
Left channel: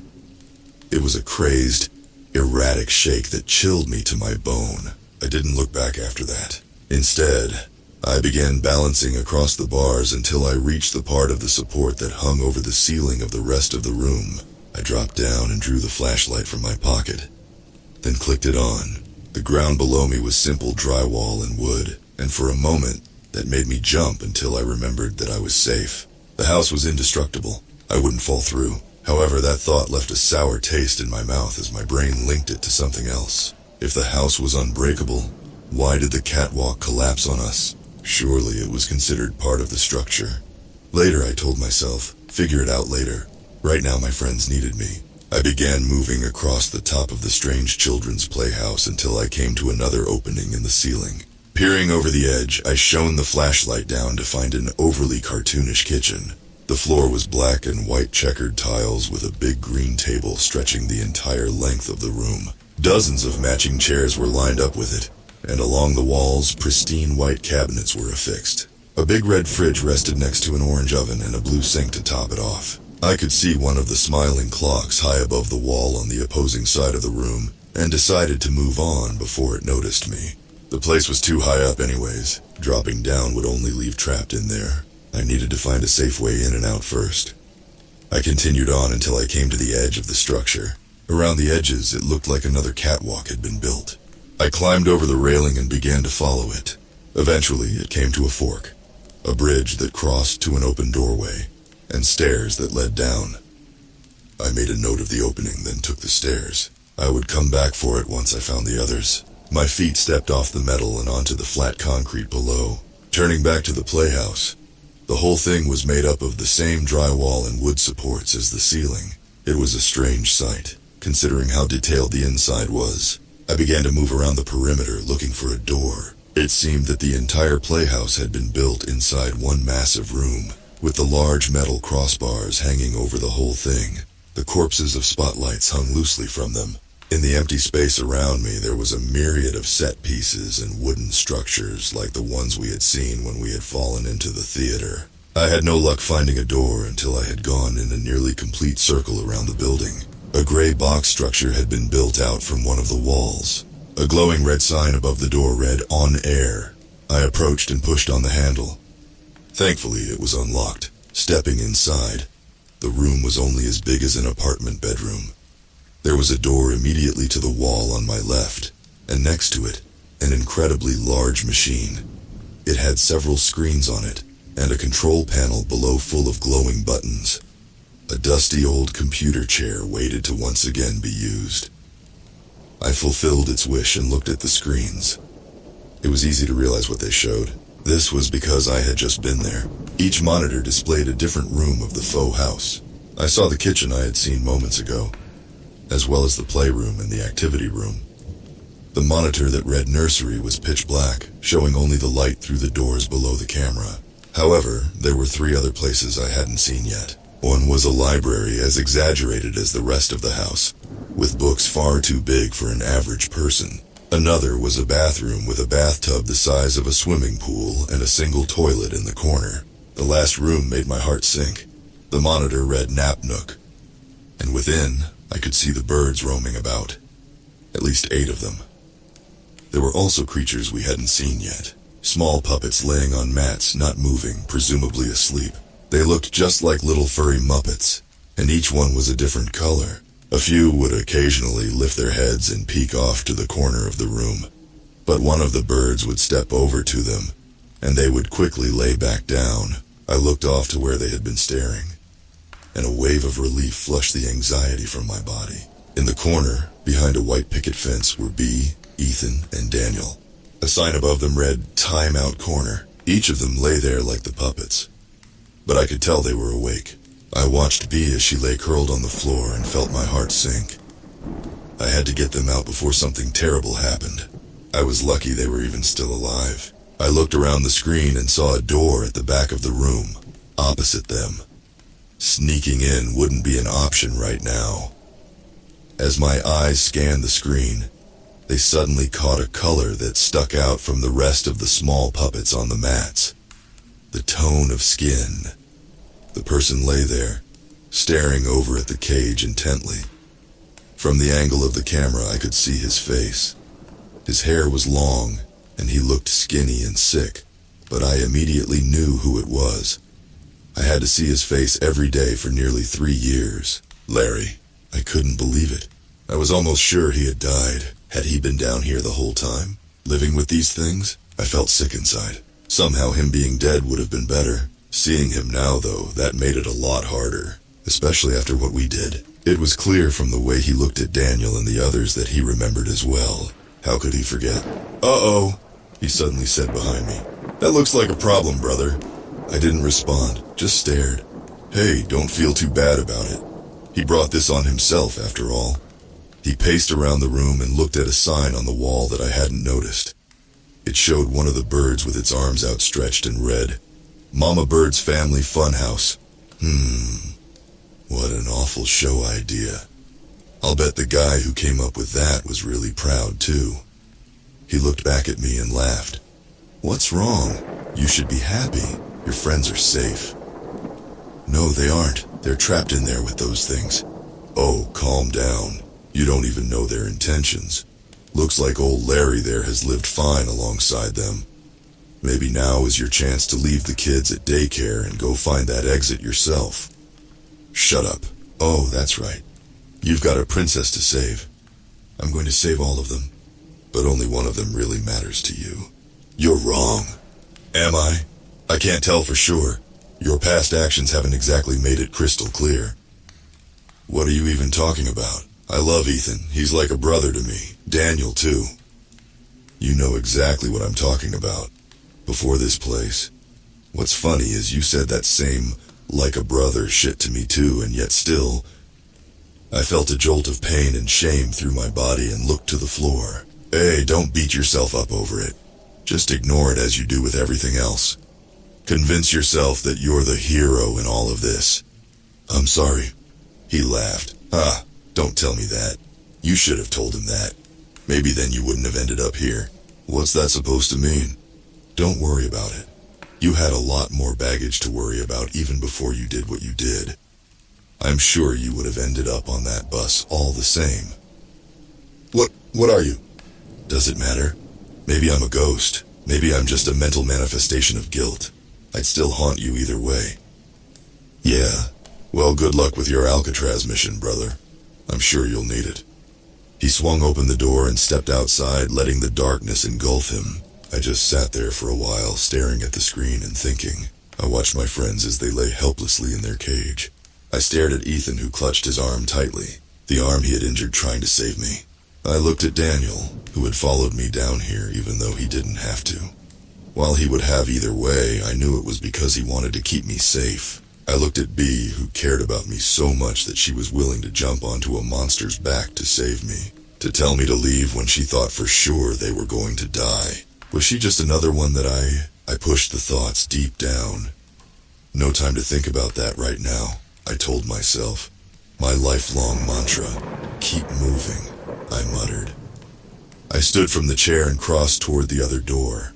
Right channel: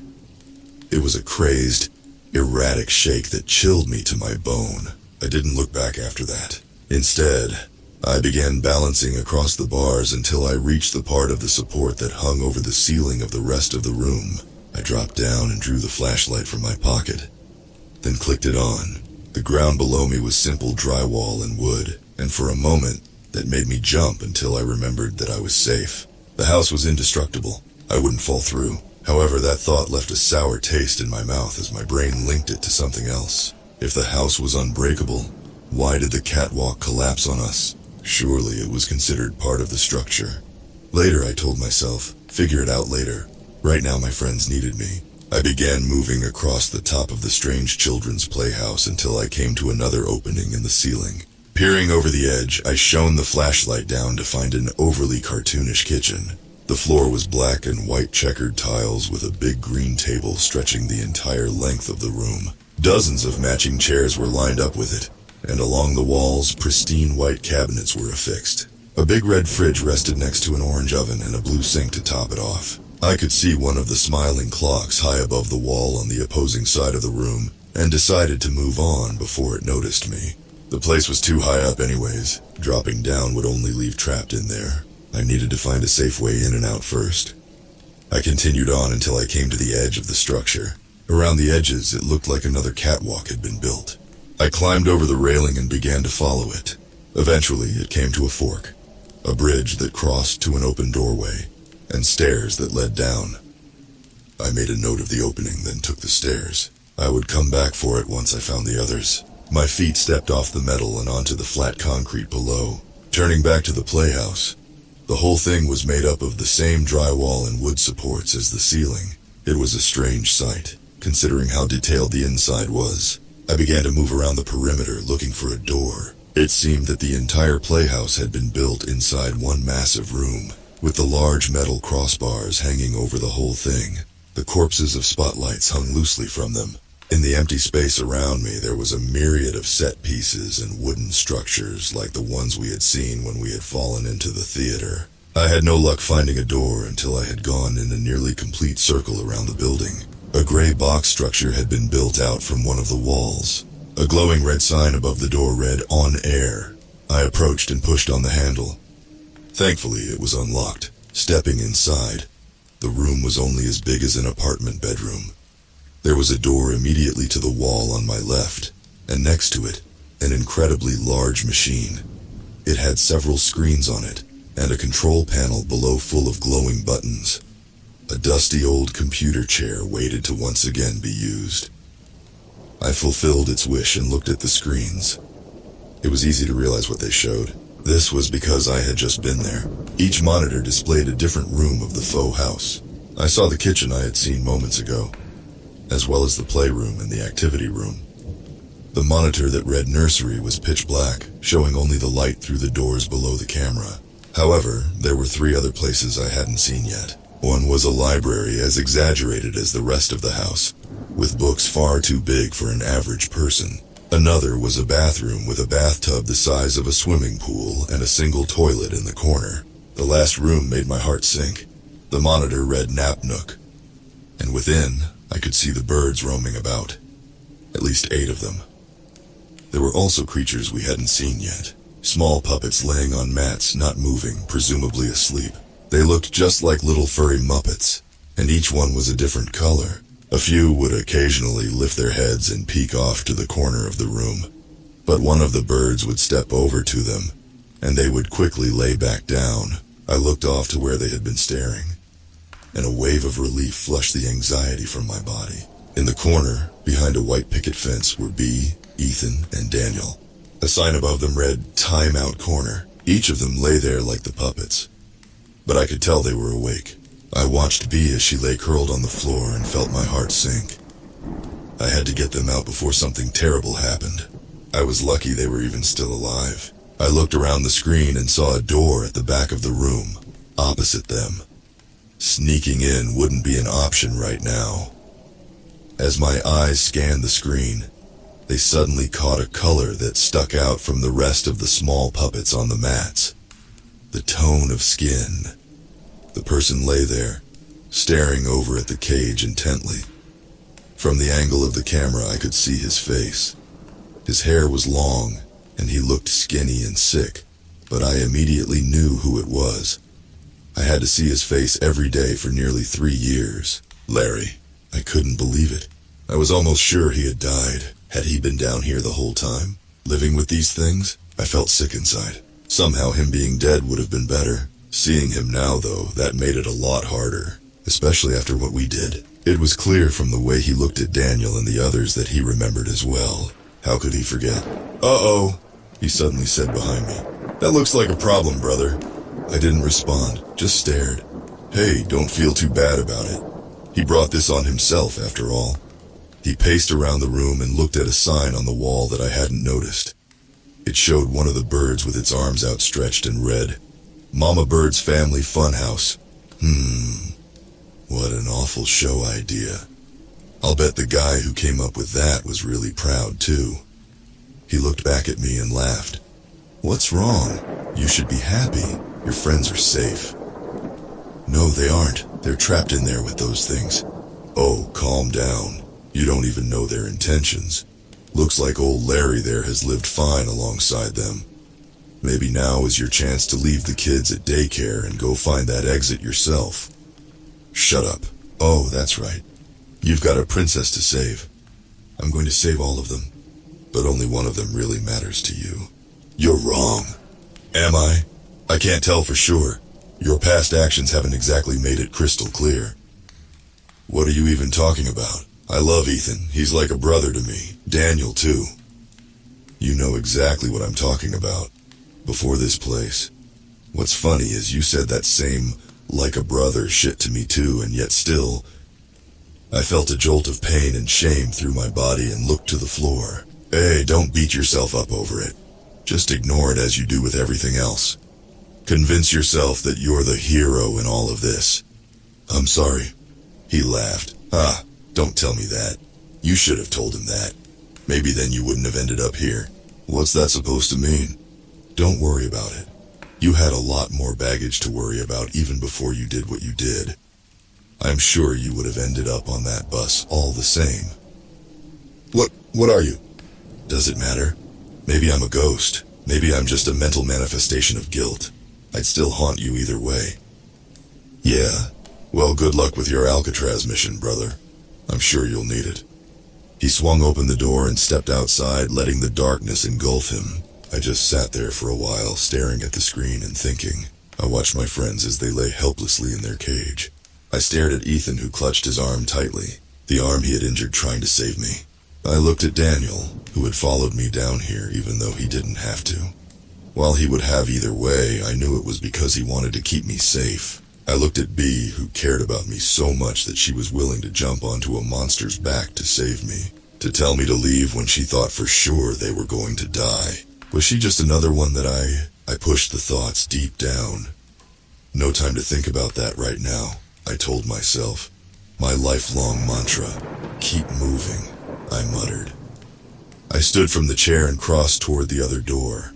It was a crazed, erratic shake that chilled me to my bone. I didn't look back after that. Instead, I began balancing across the bars until I reached the part of the support that hung over the ceiling of the rest of the room. I dropped down and drew the flashlight from my pocket, then clicked it on. The ground below me was simple drywall and wood, and for a moment, that made me jump until I remembered that I was safe. The house was indestructible. I wouldn't fall through. However, that thought left a sour taste in my mouth as my brain linked it to something else. If the house was unbreakable, why did the catwalk collapse on us? Surely it was considered part of the structure. Later, I told myself, figure it out later. Right now, my friends needed me. I began moving across the top of the strange children's playhouse until I came to another opening in the ceiling. Peering over the edge, I shone the flashlight down to find an overly cartoonish kitchen. The floor was black and white checkered tiles with a big green table stretching the entire length of the room. Dozens of matching chairs were lined up with it, and along the walls, pristine white cabinets were affixed. A big red fridge rested next to an orange oven and a blue sink to top it off. I could see one of the smiling clocks high above the wall on the opposing side of the room, and decided to move on before it noticed me. The place was too high up anyways. Dropping down would only leave trapped in there. I needed to find a safe way in and out first. I continued on until I came to the edge of the structure. Around the edges, it looked like another catwalk had been built. I climbed over the railing and began to follow it. Eventually, it came to a fork, a bridge that crossed to an open doorway, and stairs that led down. I made a note of the opening, then took the stairs. I would come back for it once I found the others. My feet stepped off the metal and onto the flat concrete below. Turning back to the playhouse, the whole thing was made up of the same drywall and wood supports as the ceiling. It was a strange sight, considering how detailed the inside was. I began to move around the perimeter looking for a door. It seemed that the entire playhouse had been built inside one massive room, with the large metal crossbars hanging over the whole thing. The corpses of spotlights hung loosely from them. In the empty space around me, there was a myriad of set pieces and wooden structures like the ones we had seen when we had fallen into the theater. I had no luck finding a door until I had gone in a nearly complete circle around the building. A gray box structure had been built out from one of the walls. A glowing red sign above the door read, "On Air." I approached and pushed on the handle. Thankfully, it was unlocked. Stepping inside, the room was only as big as an apartment bedroom. There was a door immediately to the wall on my left, and next to it, an incredibly large machine. It had several screens on it, and a control panel below full of glowing buttons. A dusty old computer chair waited to once again be used. I fulfilled its wish and looked at the screens. It was easy to realize what they showed. This was because I had just been there. Each monitor displayed a different room of the faux house. I saw the kitchen I had seen moments ago, as well as the playroom and the activity room. The monitor that read nursery was pitch black, showing only the light through the doors below the camera. However, there were 3 other places I hadn't seen yet. One was a library as exaggerated as the rest of the house, with books far too big for an average person. Another was a bathroom with a bathtub the size of a swimming pool and a single toilet in the corner. The last room made my heart sink. The monitor read Nap Nook, and within, I could see the birds roaming about. At least 8 of them. There were also creatures we hadn't seen yet. Small puppets laying on mats, not moving, presumably asleep. They looked just like little furry Muppets, and each one was a different color. A few would occasionally lift their heads and peek off to the corner of the room, but one of the birds would step over to them, and they would quickly lay back down. I looked off to where they had been staring, and a wave of relief flushed the anxiety from my body. In the corner, behind a white picket fence, were Bee, Ethan, and Daniel. A sign above them read, "Time Out Corner." Each of them lay there like the puppets, but I could tell they were awake. I watched Bee as she lay curled on the floor and felt my heart sink. I had to get them out before something terrible happened. I was lucky they were even still alive. I looked around the screen and saw a door at the back of the room, opposite them. Sneaking in wouldn't be an option right now. As my eyes scanned the screen, they suddenly caught a color that stuck out from the rest of the small puppets on the mats. The tone of skin. The person lay there, staring over at the cage intently. From the angle of the camera, I could see his face. His hair was long, and he looked skinny and sick, but I immediately knew who it was. I had to see his face every day for nearly 3 years. Larry. I couldn't believe it. I was almost sure he had died. Had he been down here the whole time, living with these things? I felt sick inside. Somehow him being dead would have been better. Seeing him now, though, that made it a lot harder, especially after what we did. It was clear from the way he looked at Daniel and the others that he remembered as well. How could he forget? "Uh-oh," he suddenly said behind me. "That looks like a problem, brother." I didn't respond, just stared. Hey, don't feel too bad about it. He brought this on himself, after all. He paced around the room and looked at a sign on the wall that I hadn't noticed. It showed one of the birds with its arms outstretched and read, "Mama Bird's Family Funhouse." What an awful show idea. I'll bet the guy who came up with that was really proud too. He looked back at me and laughed. "What's wrong? You should be happy. Your friends are safe." "No, they aren't. They're trapped in there with those things." "Oh, calm down. You don't even know their intentions. Looks like old Larry there has lived fine alongside them. Maybe now is your chance to leave the kids at daycare and go find that exit yourself." "Shut up. Oh, that's right. You've got a princess to save. I'm going to save all of them, but only one of them really matters to you." "You're wrong." "Am I? I can't tell for sure. Your past actions haven't exactly made it crystal clear." "What are you even talking about? I love Ethan. He's like a brother to me. Daniel, too." "You know exactly what I'm talking about. before this place. What's funny is you said that same like a brother shit to me too, and yet still, I felt a jolt of pain and shame through my body and looked to the floor. Hey, don't beat yourself up over it. Just ignore it as you do with everything else. Convince yourself that you're the hero in all of this. I'm sorry. He laughed. Don't tell me that. You should have told him that. Maybe then you wouldn't have ended up here. What's that supposed to mean? Don't worry about it. You had a lot more baggage to worry about even before you did what you did. I'm sure you would have ended up on that bus all the same. What are you? Does it matter? Maybe I'm a ghost. Maybe I'm just a mental manifestation of guilt. I'd still haunt you either way. Yeah. Well, good luck with your Alcatraz mission, brother. I'm sure you'll need it. He swung open the door and stepped outside, letting the darkness engulf him. I just sat there for a while, staring at the screen and thinking. I watched my friends as they lay helplessly in their cage. I stared at Ethan, who clutched his arm tightly, the arm he had injured trying to save me. I looked at Daniel, who had followed me down here even though he didn't have to. While he would have either way, I knew it was because he wanted to keep me safe. I looked at Bea, who cared about me so much that she was willing to jump onto a monster's back to save me, to tell me to leave when she thought for sure they were going to die. Was she just another one that I pushed the thoughts deep down? No time to think about that right now, I told myself. My lifelong mantra, keep moving, I muttered. I stood from the chair and crossed toward the other door.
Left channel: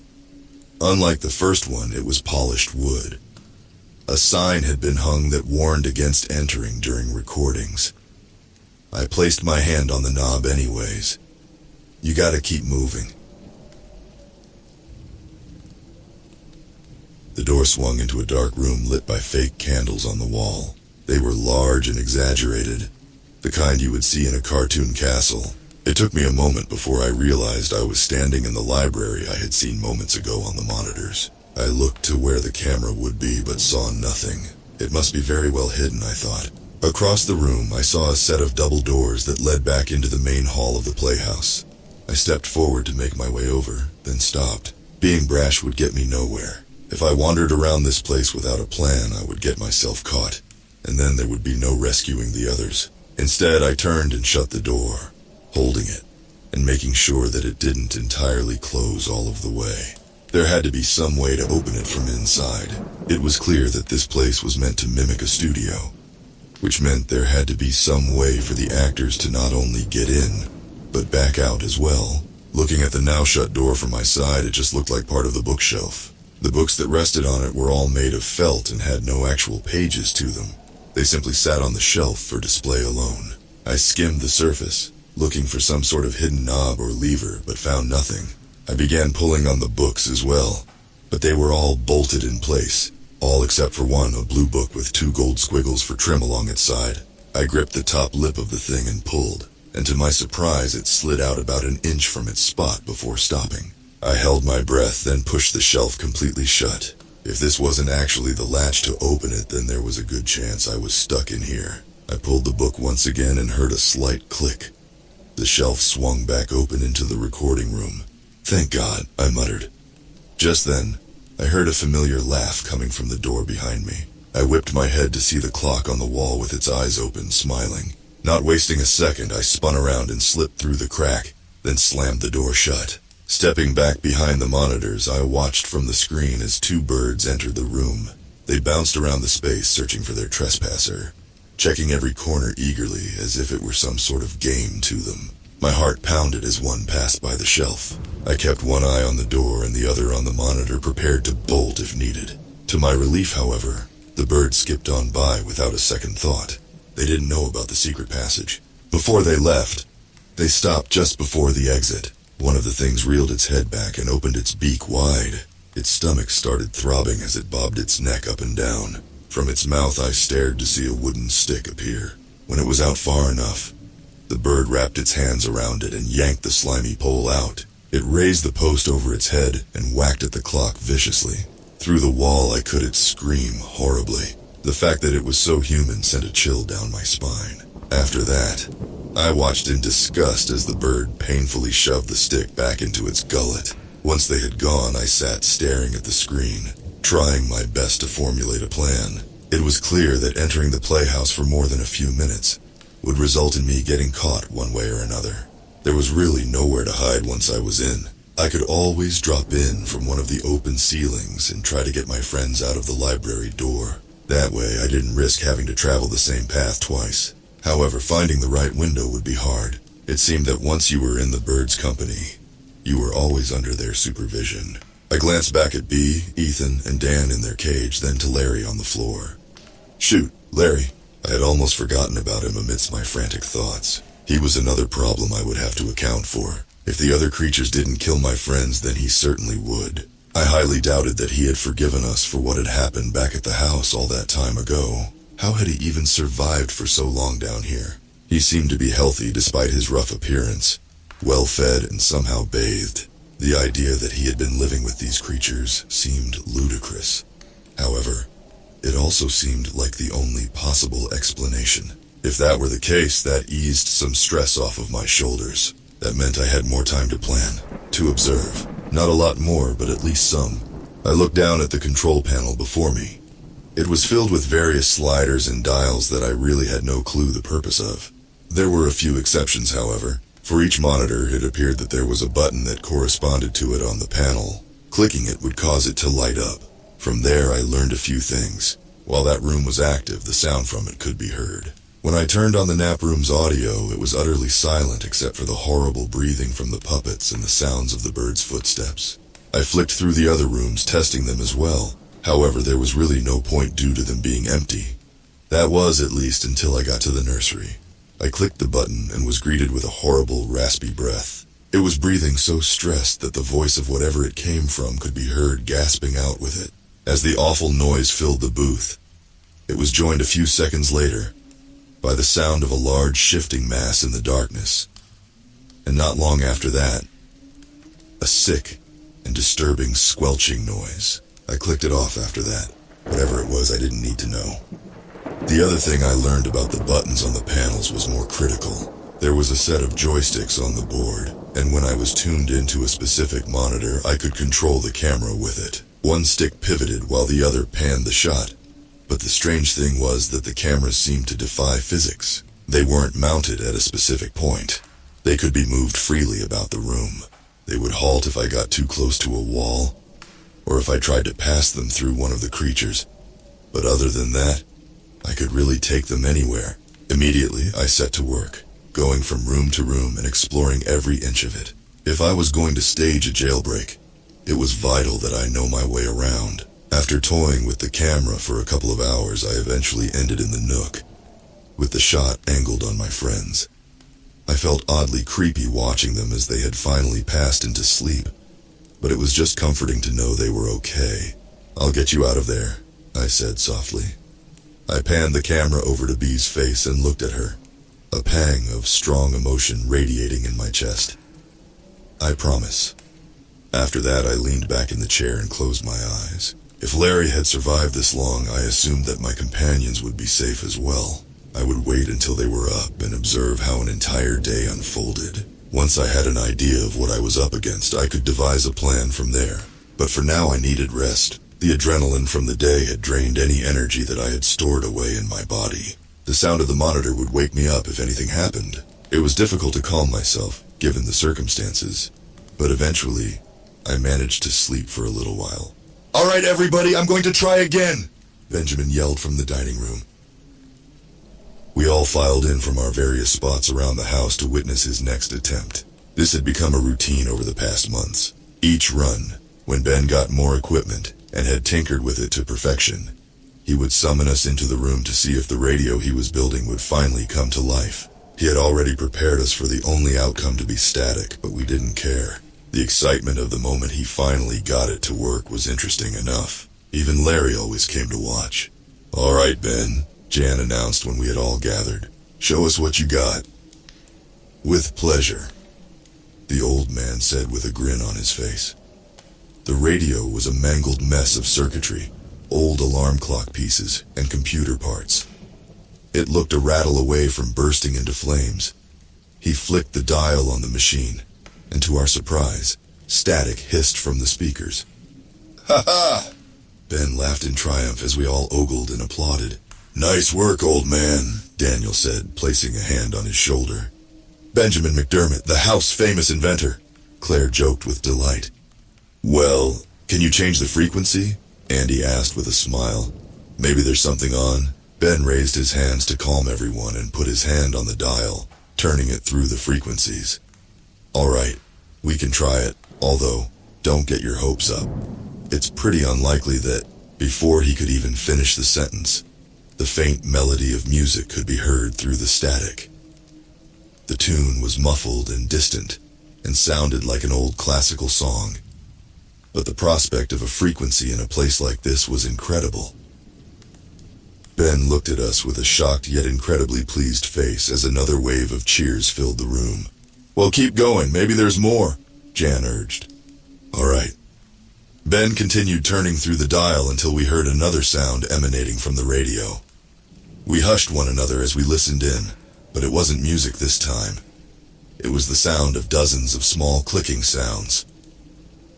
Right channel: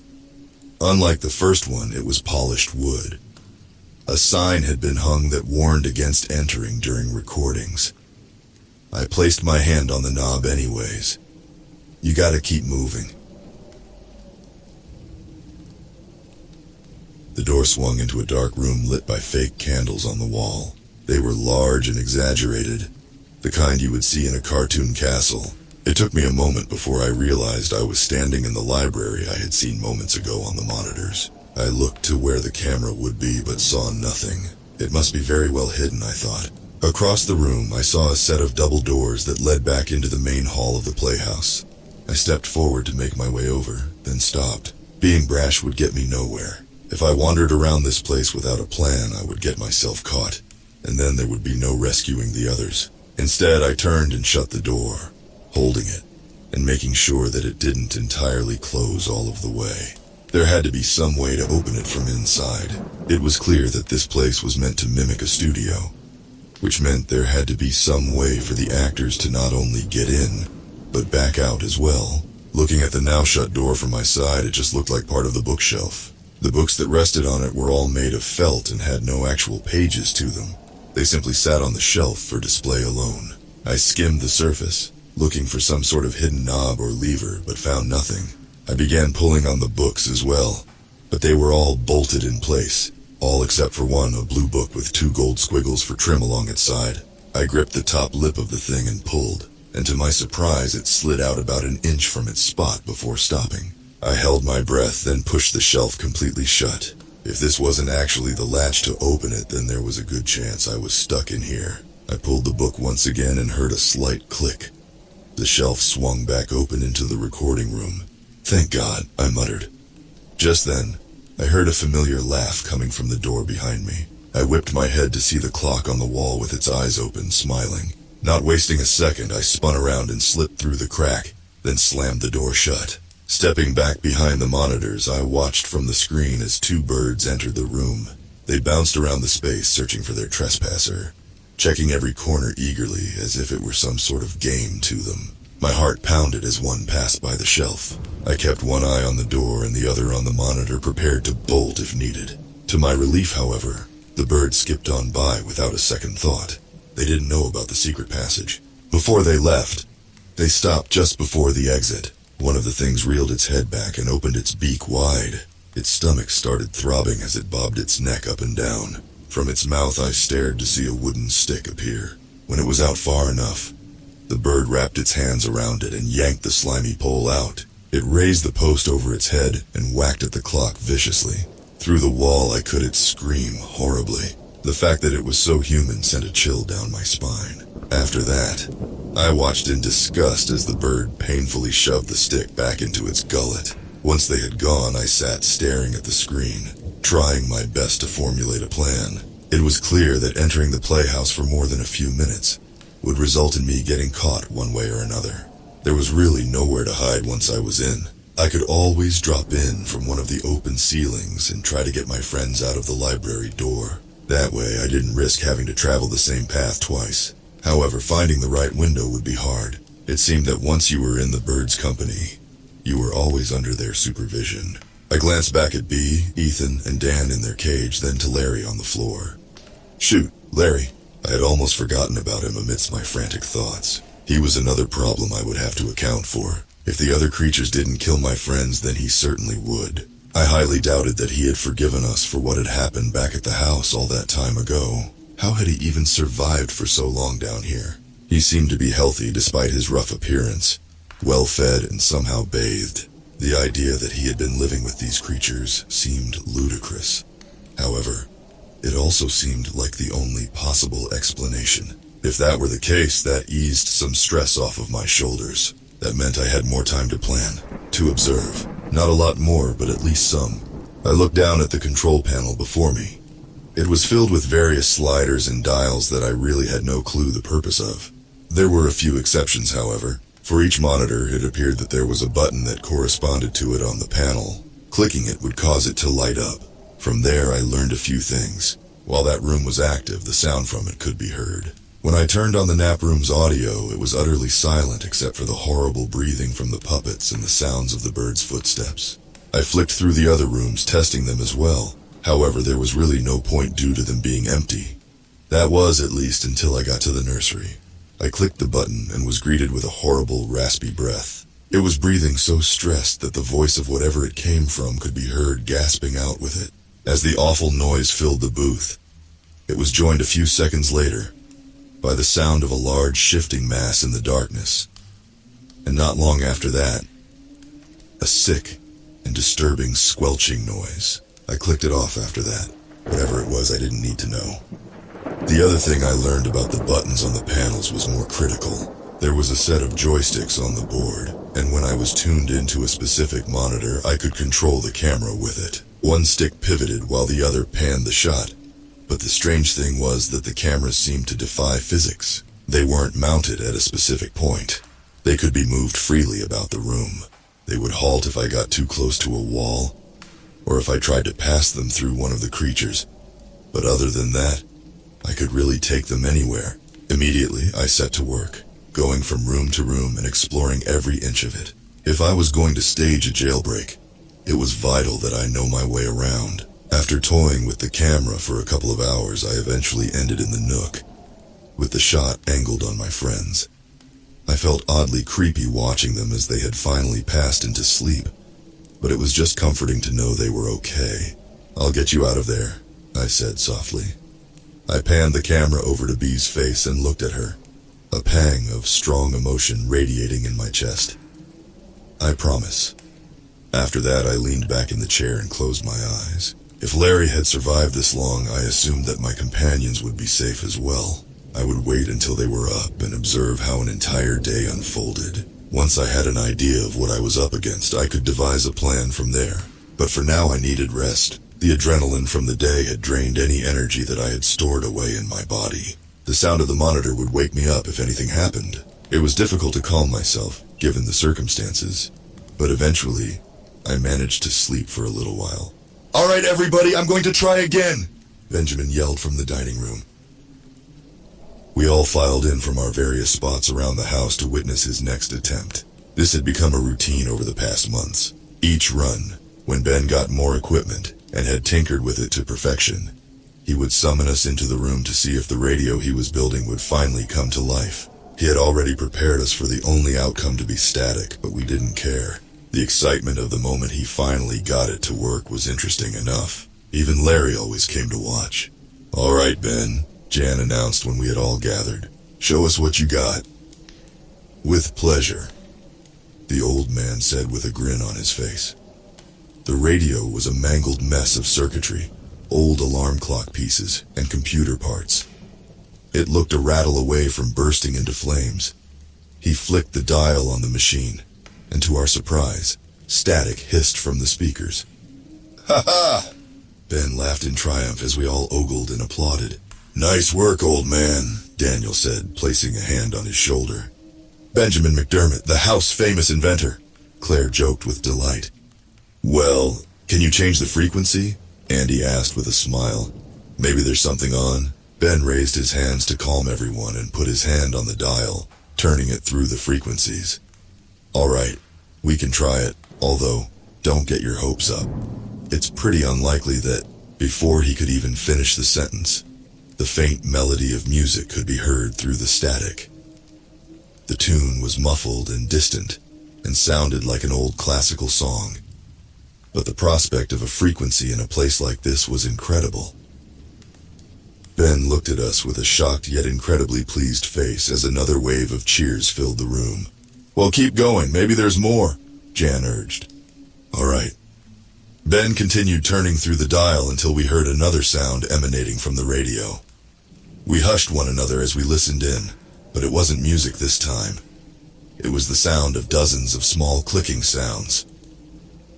Unlike the first one, it was polished wood. A sign had been hung that warned against entering during recordings. I placed my hand on the knob anyways. You gotta keep moving. The door swung into a dark room lit by fake candles on the wall. They were large and exaggerated, the kind you would see in a cartoon castle. It took me a moment before I realized I was standing in the library I had seen moments ago on the monitors. I looked to where the camera would be but saw nothing. It must be very well hidden, I thought. Across the room, I saw a set of double doors that led back into the main hall of the playhouse. I stepped forward to make my way over, then stopped. Being brash would get me nowhere. If I wandered around this place without a plan, I would get myself caught, and then there would be no rescuing the others. Instead, I turned and shut the door, holding it, and making sure that it didn't entirely close all of the way. There had to be some way to open it from inside. It was clear that this place was meant to mimic a studio, which meant there had to be some way for the actors to not only get in, but back out as well. Looking at the now shut door from my side, it just looked like part of the bookshelf. The books that rested on it were all made of felt and had no actual pages to them. They simply sat on the shelf for display alone. I skimmed the surface, looking for some sort of hidden knob or lever, but found nothing. I began pulling on the books as well, but they were all bolted in place, all except for one, a blue book with 2 gold squiggles for trim along its side. I gripped the top lip of the thing and pulled, and to my surprise it slid out about an inch from its spot before stopping. I held my breath, then pushed the shelf completely shut. If this wasn't actually the latch to open it, then there was a good chance I was stuck in here. I pulled the book once again and heard a slight click. The shelf swung back open into the recording room. Thank God, I muttered. Just then, I heard a familiar laugh coming from the door behind me. I whipped my head to see the clock on the wall with its eyes open, smiling. Not wasting a second, I spun around and slipped through the crack, then slammed the door shut. Stepping back behind the monitors, I watched from the screen as 2 birds entered the room. They bounced around the space, searching for their trespasser, checking every corner eagerly as if it were some sort of game to them. My heart pounded as one passed by the shelf. I kept one eye on the door and the other on the monitor, prepared to bolt if needed. To my relief, however, the birds skipped on by without a second thought. They didn't know about the secret passage. Before they left, they stopped just before the exit. One of the things reeled its head back and opened its beak wide. Its stomach started throbbing as it bobbed its neck up and down. From its mouth I stared to see a wooden stick appear. When it was out far enough, the bird wrapped its hands around it and yanked the slimy pole out. It raised the post over its head and whacked at the clock viciously. Through the wall I could scream horribly. The fact that it was so human sent a chill down my spine. After that, I watched in disgust as the bird painfully shoved the stick back into its gullet. Once they had gone, I sat staring at the screen, trying my best to formulate a plan. It was clear that entering the playhouse for more than a few minutes would result in me getting caught one way or another. There was really nowhere to hide once I was in. I could always drop in from one of the open ceilings and try to get my friends out of the library door. That way I didn't risk having to travel the same path twice. However, finding the right window would be hard. It seemed that once you were in the birds' company, you were always under their supervision. I glanced back at Bea, Ethan, and Dan in their cage, then to Larry on the floor. Shoot, Larry. I had almost forgotten about him amidst my frantic thoughts. He was another problem I would have to account for. If the other creatures didn't kill my friends, then he certainly would. I highly doubted that he had forgiven us for what had happened back at the house all that time ago. How had he even survived for so long down here? He seemed to be healthy despite his rough appearance, well-fed and somehow bathed. The idea that he had been living with these creatures seemed ludicrous. However, it also seemed like the only possible explanation. If that were the case, that eased some stress off of my shoulders. That meant I had more time to plan, to observe. Not a lot more, but at least some. I looked down at the control panel before me. It was filled with various sliders and dials that I really had no clue the purpose of. There were a few exceptions, however. For each monitor, it appeared that there was a button that corresponded to it on the panel. Clicking it would cause it to light up. From there, I learned a few things. While that room was active, the sound from it could be heard. When I turned on the nap room's audio, it was utterly silent except for the horrible breathing from the puppets and the sounds of the birds' footsteps. I flicked through the other rooms, testing them as well. However, there was really no point due to them being empty. That was, at least, until I got to the nursery. I clicked the button and was greeted with a horrible, raspy breath. It was breathing so stressed that the voice of whatever it came from could be heard gasping out with it. As the awful noise filled the booth, it was joined a few seconds later by the sound of a large shifting mass in the darkness. And not long after that, a sick and disturbing squelching noise. I clicked it off after that. Whatever it was, I didn't need to know. The other thing I learned about the buttons on the panels was more critical. There was a set of joysticks on the board, and when I was tuned into a specific monitor, I could control the camera with it. One stick pivoted while the other panned the shot. But the strange thing was that the cameras seemed to defy physics. They weren't mounted at a specific point. They could be moved freely about the room. They would halt if I got too close to a wall, or if I tried to pass them through one of the creatures. But other than that, I could really take them anywhere. Immediately, I set to work, going from room to room and exploring every inch of it. If I was going to stage a jailbreak, it was vital that I know my way around. After toying with the camera for a couple of hours, I eventually ended in the nook, with the shot angled on my friends. I felt oddly creepy watching them as they had finally passed into sleep, but it was just comforting to know they were okay. "I'll get you out of there," I said softly. I panned the camera over to Bea's face and looked at her, a pang of strong emotion radiating in my chest. "I promise." After that, I leaned back in the chair and closed my eyes. If Larry had survived this long, I assumed that my companions would be safe as well. I would wait until they were up and observe how an entire day unfolded. Once I had an idea of what I was up against, I could devise a plan from there. But for now, I needed rest. The adrenaline from the day had drained any energy that I had stored away in my body. The sound of the monitor would wake me up if anything happened. It was difficult to calm myself, given the circumstances. But eventually, I managed to sleep for a little while. "All right, everybody, I'm going to try again," Benjamin yelled from the dining room. We all filed in from our various spots around the house to witness his next attempt. This had become a routine over the past months. Each run, when Ben got more equipment and had tinkered with it to perfection, he would summon us into the room to see if the radio he was building would finally come to life. He had already prepared us for the only outcome to be static, but we didn't care. The excitement of the moment he finally got it to work was interesting enough. Even Larry always came to watch. "All right, Ben," Jan announced when we had all gathered. "Show us what you got." "With pleasure," the old man said with a grin on his face. The radio was a mangled mess of circuitry, old alarm clock pieces, and computer parts. It looked a rattle away from bursting into flames. He flicked the dial on the machine, and to our surprise, Static hissed from the speakers. "Ha ha!" Ben laughed in triumph as we all ogled and applauded. "Nice work, old man," Daniel said, placing a hand on his shoulder. "Benjamin McDermott, the house-famous inventor," Claire joked with delight. "Well, can you change the frequency?" Andy asked with a smile. "Maybe there's something on." Ben raised his hands to calm everyone and put his hand on the dial, turning it through the frequencies. "All right, we can try it, although, don't get your hopes up. It's pretty unlikely that, before he could even finish the sentence, the faint melody of music could be heard through the static. The tune was muffled and distant, and sounded like an old classical song. But the prospect of a frequency in a place like this was incredible. Ben looked at us with a shocked yet incredibly pleased face as another wave of cheers filled the room. "Well, keep going, maybe there's more," Jan urged. "All right." Ben continued turning through the dial until we heard another sound emanating from the radio. We hushed one another as we listened in, but it wasn't music this time. It was the sound of dozens of small clicking sounds.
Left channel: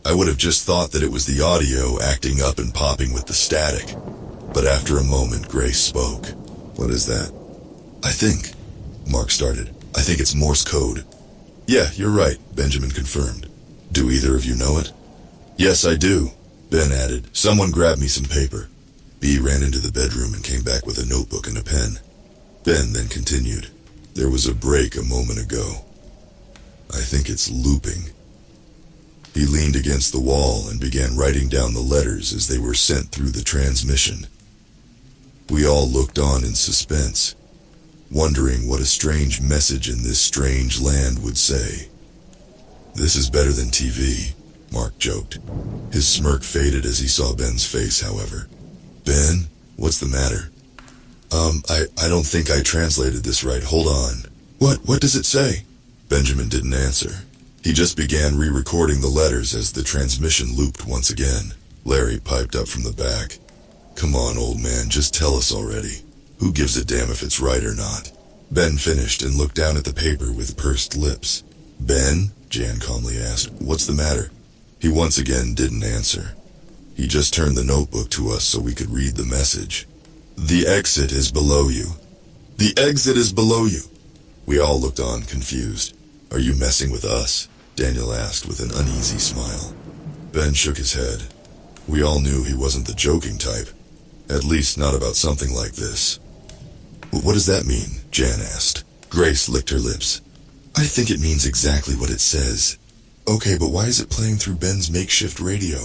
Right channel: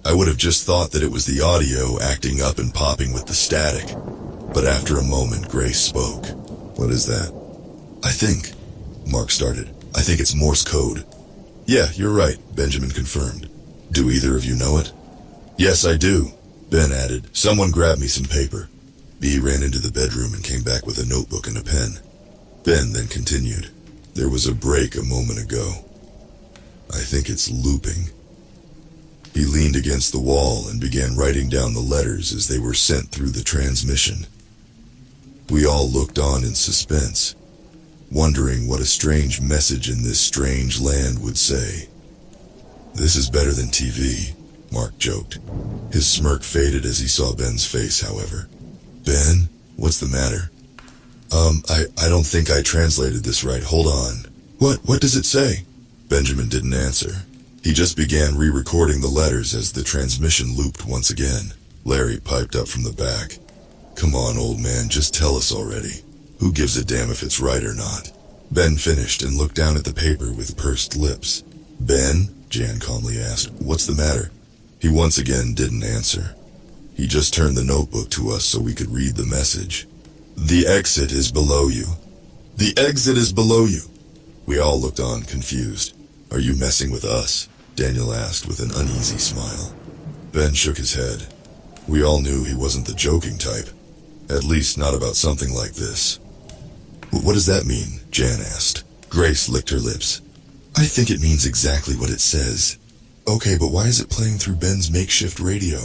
I would have just thought that it was the audio acting up and popping with the static, but after a moment Grace spoke. "What is that?" "I think," Mark started, "I think it's Morse code." "Yeah, you're right," Benjamin confirmed. "Do either of you know it?" "Yes, I do," Ben added. "Someone grabbed me some paper." B ran into the bedroom and came back with a notebook and a pen. Ben then continued. "There was a break a moment ago. I think it's looping." He leaned against the wall and began writing down the letters as they were sent through the transmission. We all looked on in suspense, wondering what a strange message in this strange land would say. "This is better than TV," Mark joked. His smirk faded as he saw Ben's face, however. "Ben, what's the matter?" I don't think I translated this right. Hold on. What does it say?" Benjamin didn't answer. He just began re-recording the letters as the transmission looped once again. Larry piped up from the back. "Come on, old man, just tell us already. Who gives a damn if it's right or not?" Ben finished and looked down at the paper with pursed lips. "Ben?" Jan calmly asked. "What's the matter?" He once again didn't answer. He just turned the notebook to us so we could read the message. "The exit is below you. The exit is below you." We all looked on, confused. "Are you messing with us?" Daniel asked with an uneasy smile. Ben shook his head. We all knew he wasn't the joking type. At least not about something like this. "What does that mean?" Jan asked. Grace licked her lips. "I think it means exactly what it says." "Okay, but why is it playing through Ben's makeshift radio?"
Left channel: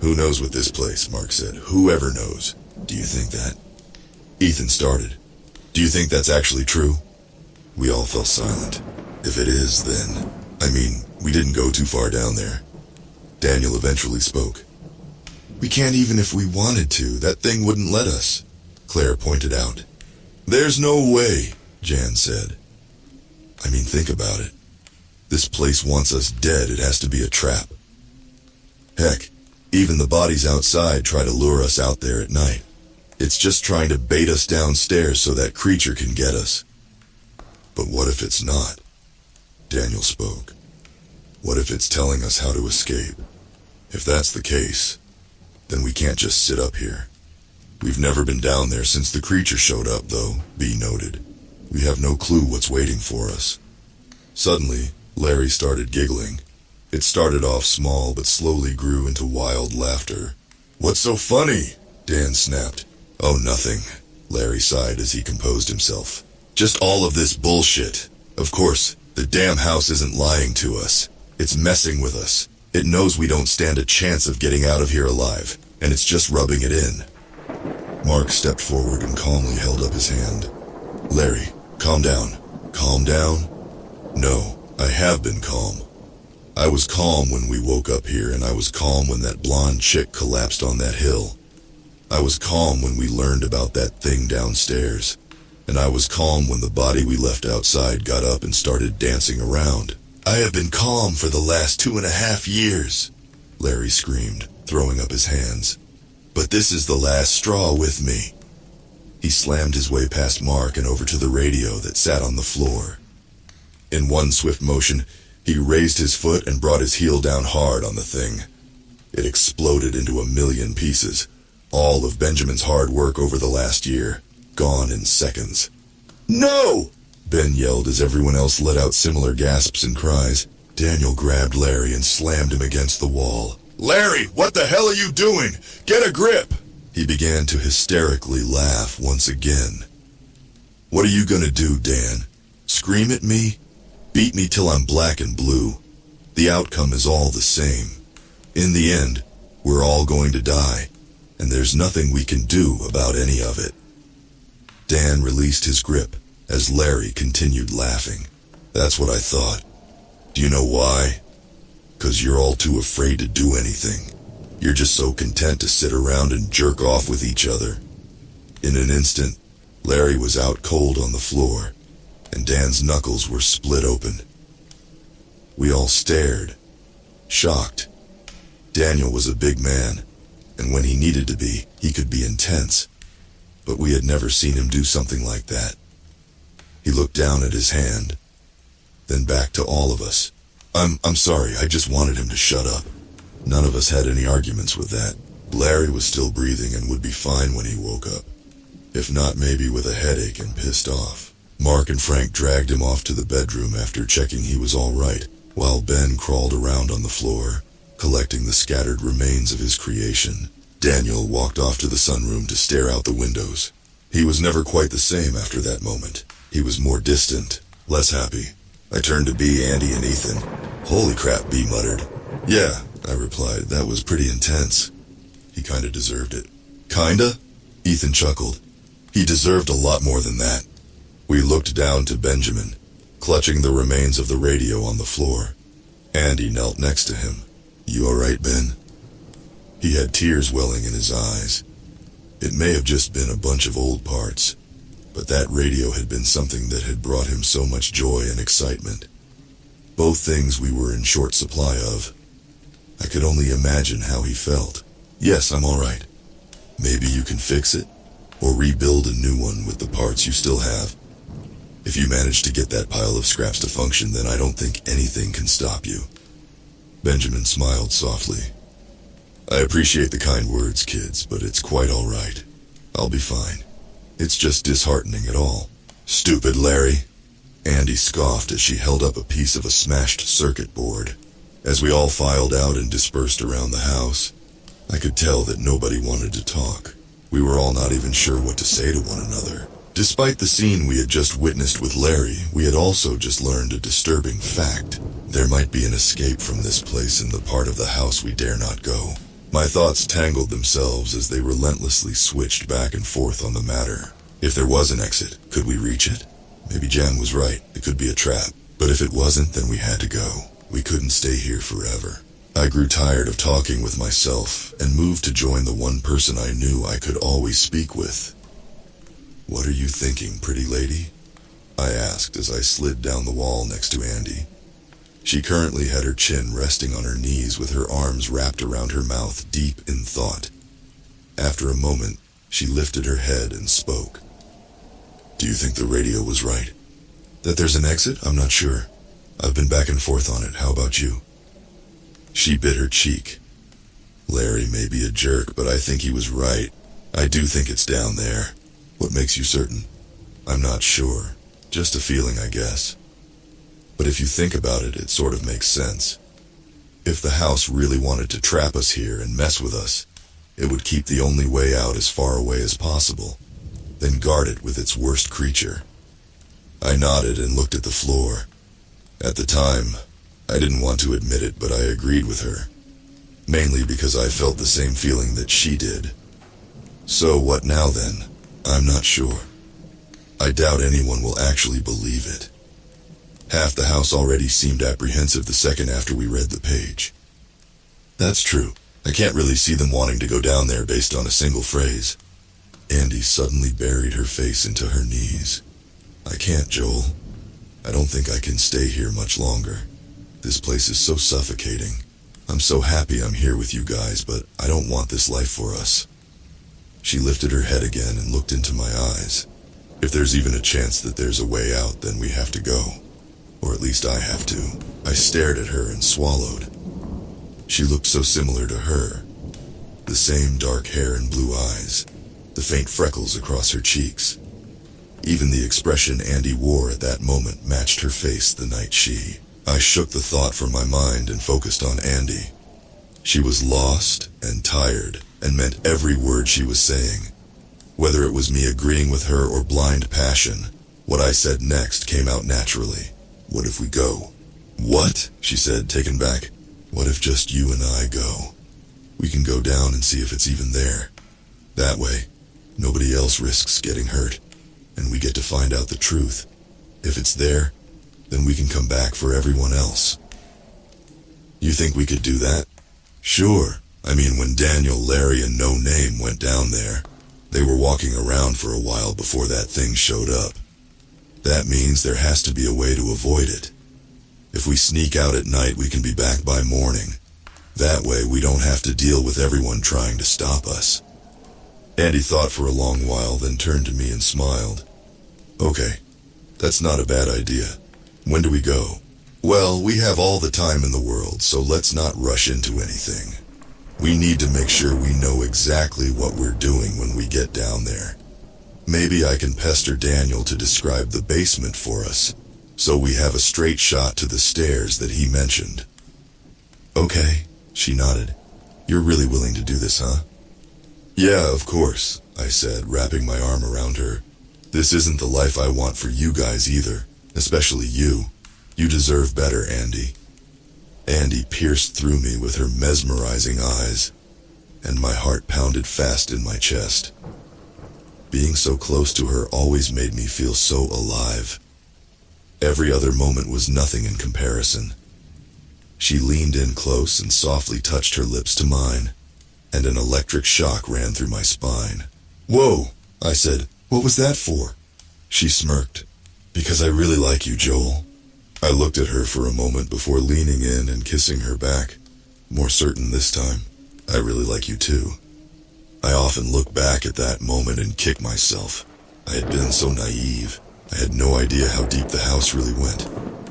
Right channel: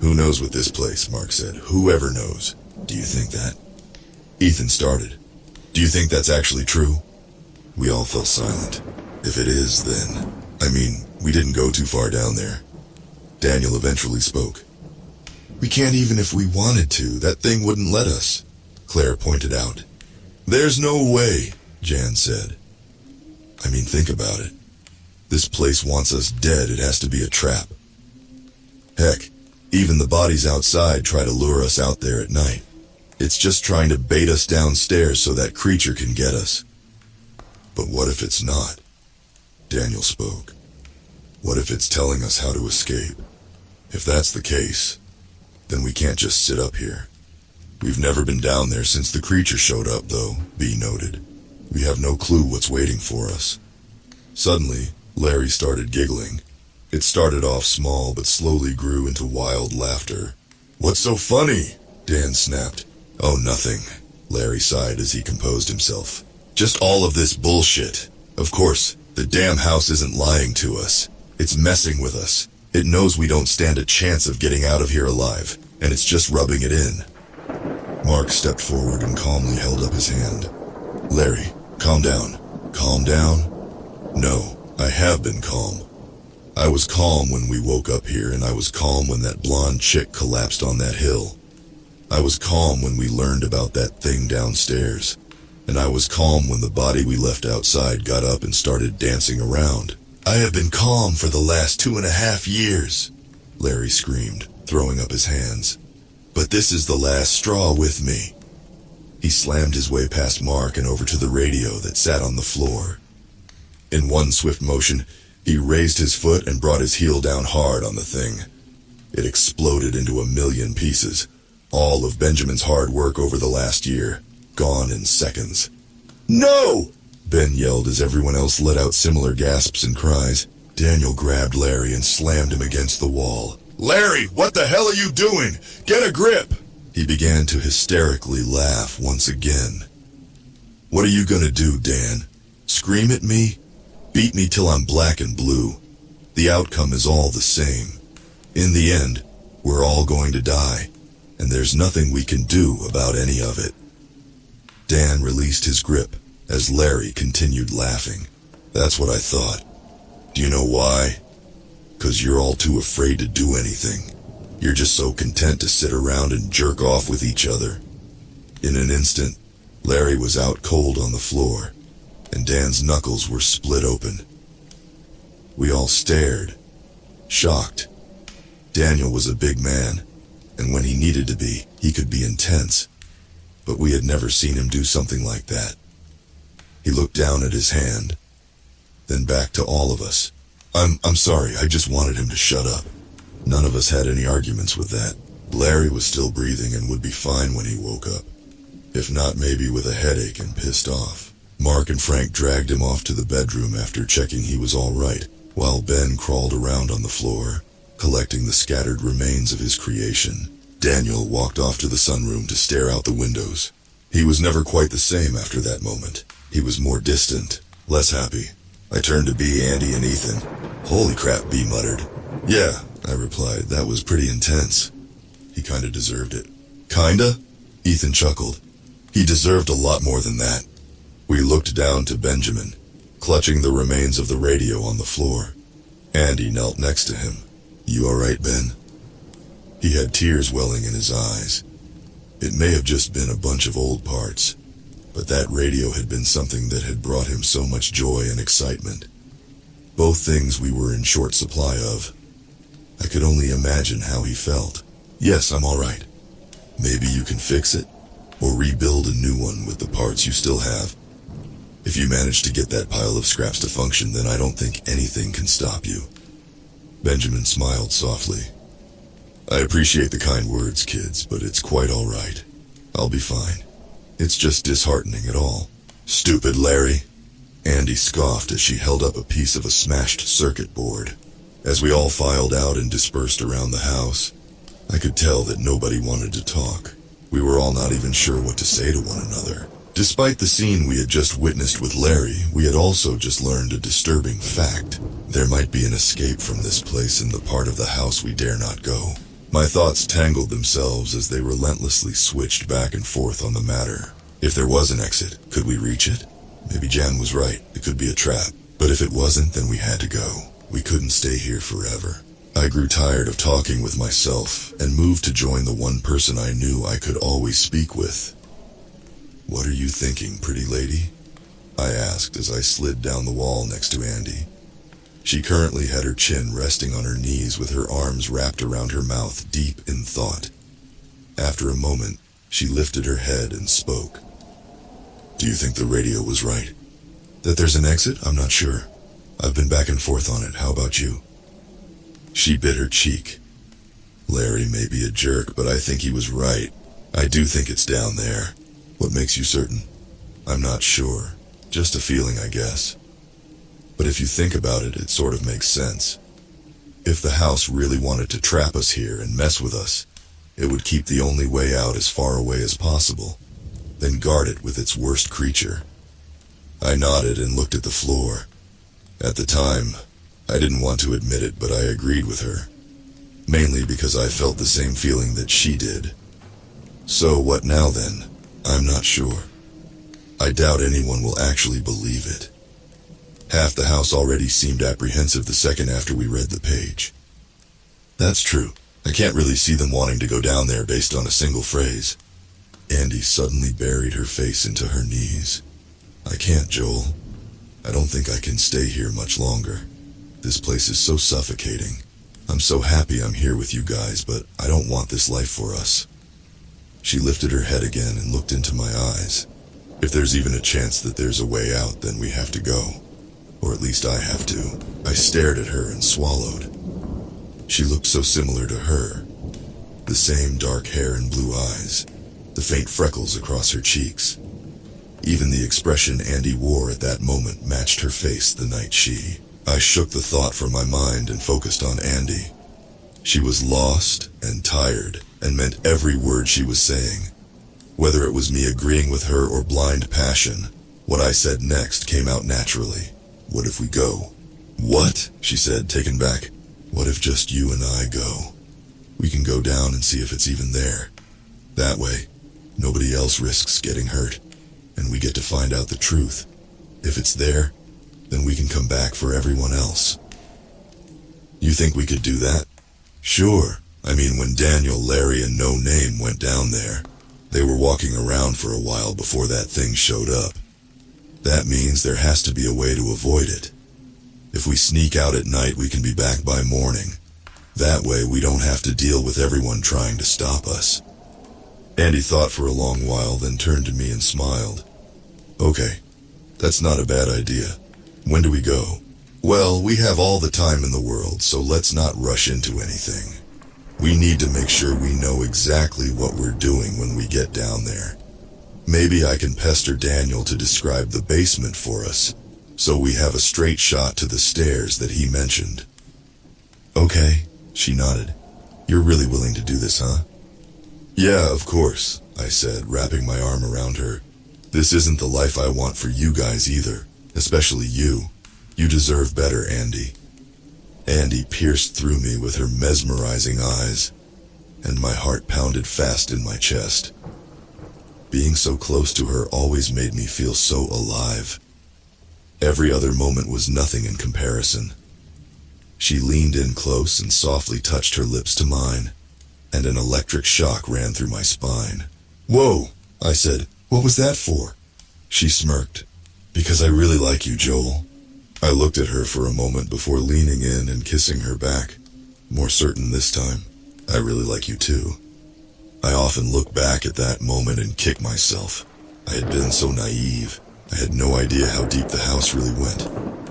"Who knows with this place," Mark said. "Whoever knows." "Do you think that?" Ethan started. "Do you think that's actually true?" We all fell silent. "If it is, then... we didn't go too far down there." Daniel eventually spoke. "We can't even if we wanted to. That thing wouldn't let us," Claire pointed out. "There's no way," Jan said. Think about it. This place wants us dead. It has to be a trap. Heck, even the bodies outside try to lure us out there at night. It's just trying to bait us downstairs so that creature can get us. But what if it's not? Daniel spoke. What if it's telling us how to escape? If that's the case, then we can't just sit up here. We've never been down there since the creature showed up, though, B noted. We have no clue what's waiting for us. Suddenly, Larry started giggling. It started off small but slowly grew into wild laughter. "What's so funny?" Dan snapped. "Oh, nothing," Larry sighed as he composed himself. "Just all of this bullshit. Of course, the damn house isn't lying to us. It's messing with us. It knows we don't stand a chance of getting out of here alive, and it's just rubbing it in." Mark stepped forward and calmly held up his hand. "Larry, calm down." "Calm down?" "No, I have been calm. I was calm when we woke up here, and I was calm when that blonde chick collapsed on that hill. I was calm when we learned about that thing downstairs, and I was calm when the body we left outside got up and started dancing around. I have been calm for the last 2.5 years, Larry screamed, throwing up his hands. But this is the last straw with me. He slammed his way past Mark and over to the radio that sat on the floor. In one swift motion, He raised his foot and brought his heel down hard on the thing. It exploded into a million pieces. All of Benjamin's hard work over the last year, gone in seconds. "No!" Ben yelled as everyone else let out similar gasps and cries. Daniel grabbed Larry and slammed him against the wall. "Larry, what the hell are you doing? Get a grip!" He began to hysterically laugh once again. "What are you gonna do, Dan? Scream at me? Beat me till I'm black and blue? The outcome is all the same. In the end, we're all going to die, and there's nothing we can do about any of it." Dan released his grip as Larry continued laughing. "That's what I thought. Do you know why? 'Cause you're all too afraid to do anything. You're just so content to sit around and jerk off with each other." In an instant, Larry was out cold on the floor, and Dan's knuckles were split open. We all stared, shocked. Daniel was a big man, and when he needed to be, he could be intense. But we had never seen him do something like that. He looked down at his hand, then back to all of us. I'm sorry, I just wanted him to shut up." None of us had any arguments with that. Larry was still breathing and would be fine when he woke up. If not, maybe with a headache and pissed off. Mark and Frank dragged him off to the bedroom after checking he was all right, while Ben crawled around on the floor, collecting the scattered remains of his creation. Daniel walked off to the sunroom to stare out the windows. He was never quite the same after that moment. He was more distant, less happy. I turned to B, Andy, and Ethan. "Holy crap," B muttered. "Yeah," I replied, "that was pretty intense." "He kinda deserved it." "Kinda?" Ethan chuckled. "He deserved a lot more than that." We looked down to Benjamin, clutching the remains of the radio on the floor. Andy knelt next to him. "You alright, Ben?" He had tears welling in his eyes. It may have just been a bunch of old parts, but that radio had been something that had brought him so much joy and excitement. Both things we were in short supply of. I could only imagine how he felt. "Yes, I'm alright. Maybe you can fix it, or rebuild a new one with the parts you still have. If you manage to get that pile of scraps to function, then I don't think anything can stop you." Benjamin smiled softly. "I appreciate the kind words, kids, but it's quite alright. I'll be fine. It's just disheartening at all." "Stupid Larry," Andy scoffed as she held up a piece of a smashed circuit board. As we all filed out and dispersed around the house, I could tell that nobody wanted to talk. We were all not even sure what to say to one another. Despite the scene we had just witnessed with Larry, we had also just learned a disturbing fact. There might be an escape from this place in the part of the house we dare not go. My thoughts tangled themselves as they relentlessly switched back and forth on the matter. If there was an exit, could we reach it? Maybe Jan was right, it could be a trap. But if it wasn't, then we had to go. We couldn't stay here forever. I grew tired of talking with myself and moved to join the one person I knew I could always speak with. "What are you thinking, pretty lady?" I asked as I slid down the wall next to Andy. She currently had her chin resting on her knees with her arms wrapped around her mouth, deep in thought. After a moment, she lifted her head and spoke. "Do you think the radio was right? That there's an exit? I'm not sure. I've been back and forth on it. How about you?" She bit her cheek. "Larry may be a jerk, but I think he was right. I do think it's down there." "What makes you certain?" "I'm not sure. Just a feeling, I guess. But if you think about it, it sort of makes sense. If the house really wanted to trap us here and mess with us, it would keep the only way out as far away as possible, then guard it with its worst creature." I nodded and looked at the floor. At the time, I didn't want to admit it, but I agreed with her. Mainly because I felt the same feeling that she did. So what now then? I'm not sure. I doubt anyone will actually believe it. Half the house already seemed apprehensive the second after we read the page. That's true. I can't really see them wanting to go down there based on a single phrase. Andy suddenly buried her face into her knees. I can't, Joel. I don't think I can stay here much longer. This place is so suffocating. I'm so happy I'm here with you guys, but I don't want this life for us. She lifted her head again and looked into my eyes. If there's even a chance that there's a way out, then we have to go. Or at least I have to. I stared at her and swallowed. She looked so similar to her. The same dark hair and blue eyes, the faint freckles across her cheeks. Even the expression Andy wore at that moment matched her face the night I shook the thought from my mind and focused on Andy. She was lost and tired and meant every word she was saying. Whether it was me agreeing with her or blind passion, what I said next came out naturally. What if we go? What? She said, taken back. What if just you and I go? We can go down and see if it's even there. That way, nobody else risks getting hurt, and we get to find out the truth. If it's there, then we can come back for everyone else. You think we could do that? Sure. I mean, when Daniel, Larry, and No Name went down there, they were walking around for a while before that thing showed up. That means there has to be a way to avoid it. If we sneak out at night, we can be back by morning. That way, we don't have to deal with everyone trying to stop us. Andy thought for a long while, then turned to me and smiled. Okay, that's not a bad idea. When do we go? Well, we have all the time in the world, so let's not rush into anything. We need to make sure we know exactly what we're doing when we get down there. Maybe I can pester Daniel to describe the basement for us, so we have a straight shot to the stairs that he mentioned. Okay, she nodded. You're really willing to do this, huh? Yeah, of course, I said, wrapping my arm around her. This isn't the life I want for you guys either, especially you. You deserve better, Andy. Andy pierced through me with her mesmerizing eyes, and my heart pounded fast in my chest. Being so close to her always made me feel so alive. Every other moment was nothing in comparison. She leaned in close and softly touched her lips to mine, and an electric shock ran through my spine. Whoa, I said, what was that for? She smirked. Because I really like you, Joel. I looked at her for a moment before leaning in and kissing her back. More certain this time. I really like you too. I often look back at that moment and kick myself. I had been so naive. I had no idea how deep the house really went,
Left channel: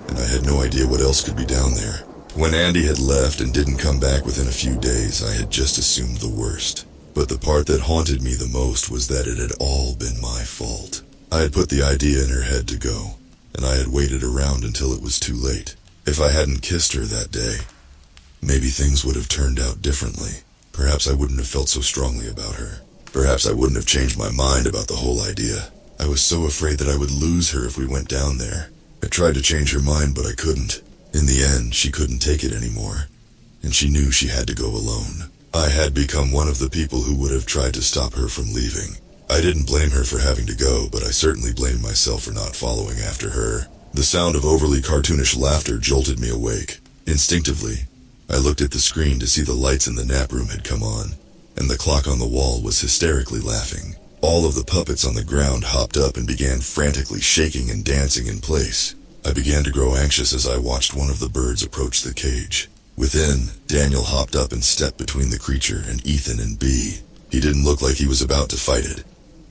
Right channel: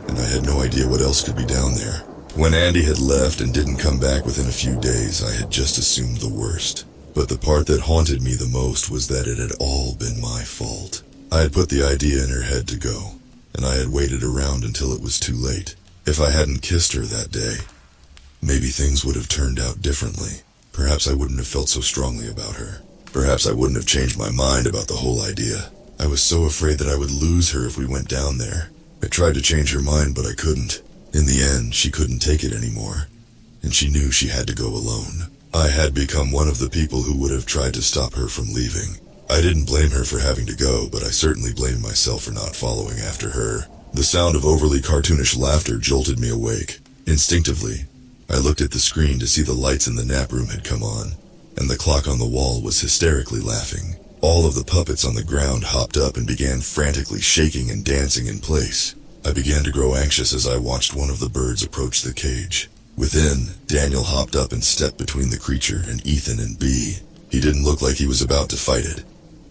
and I had no idea what else could be down there. When Andy had left and didn't come back within a few days, I had just assumed the worst. But the part that haunted me the most was that it had all been my fault. I had put the idea in her head to go, and I had waited around until it was too late. If I hadn't kissed her that day, maybe things would have turned out differently. Perhaps I wouldn't have felt so strongly about her. Perhaps I wouldn't have changed my mind about the whole idea. I was so afraid that I would lose her if we went down there. I tried to change her mind, but I couldn't. In the end, she couldn't take it anymore, and she knew she had to go alone. I had become one of the people who would have tried to stop her from leaving. I didn't blame her for having to go, but I certainly blamed myself for not following after her. The sound of overly cartoonish laughter jolted me awake. Instinctively, I looked at the screen to see the lights in the nap room had come on, and the clock on the wall was hysterically laughing. All of the puppets on the ground hopped up and began frantically shaking and dancing in place. I began to grow anxious as I watched one of the birds approach the cage. Within, Daniel hopped up and stepped between the creature and Ethan and Bee. He didn't look like he was about to fight it,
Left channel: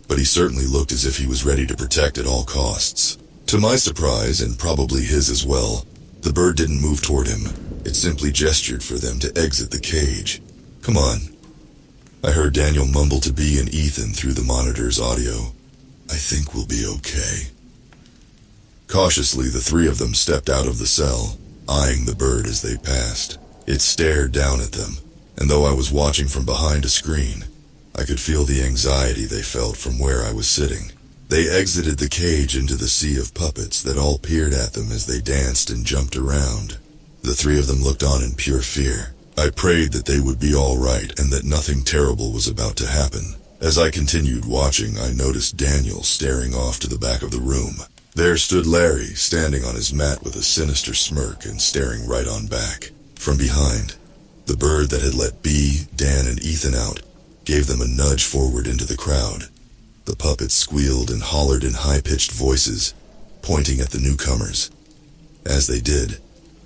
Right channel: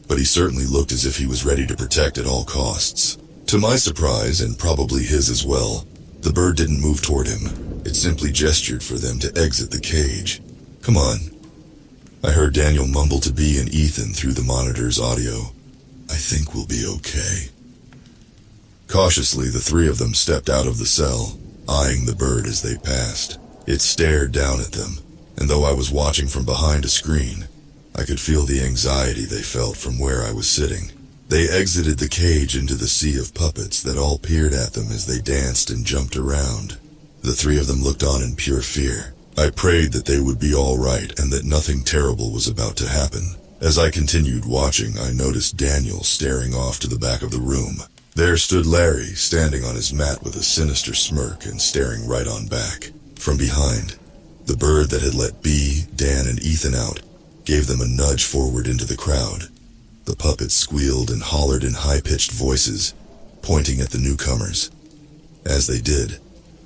but he certainly looked as if he was ready to protect at all costs. To my surprise, and probably his as well, the bird didn't move toward him. It simply gestured for them to exit the cage. Come on. I heard Daniel mumble to Bee and Ethan through the monitor's audio. I think we'll be okay. Cautiously, the three of them stepped out of the cell, eyeing the bird as they passed. It stared down at them, and though I was watching from behind a screen, I could feel the anxiety they felt from where I was sitting. They exited the cage into the sea of puppets that all peered at them as they danced and jumped around. The three of them looked on in pure fear. I prayed that they would be all right and that nothing terrible was about to happen. As I continued watching, I noticed Daniel staring off to the back of the room. There stood Larry, standing on his mat with a sinister smirk and staring right on back. From behind, the bird that had let Bee, Dan, and Ethan out gave them a nudge forward into the crowd. The puppets squealed and hollered in high-pitched voices, pointing at the newcomers. As they did,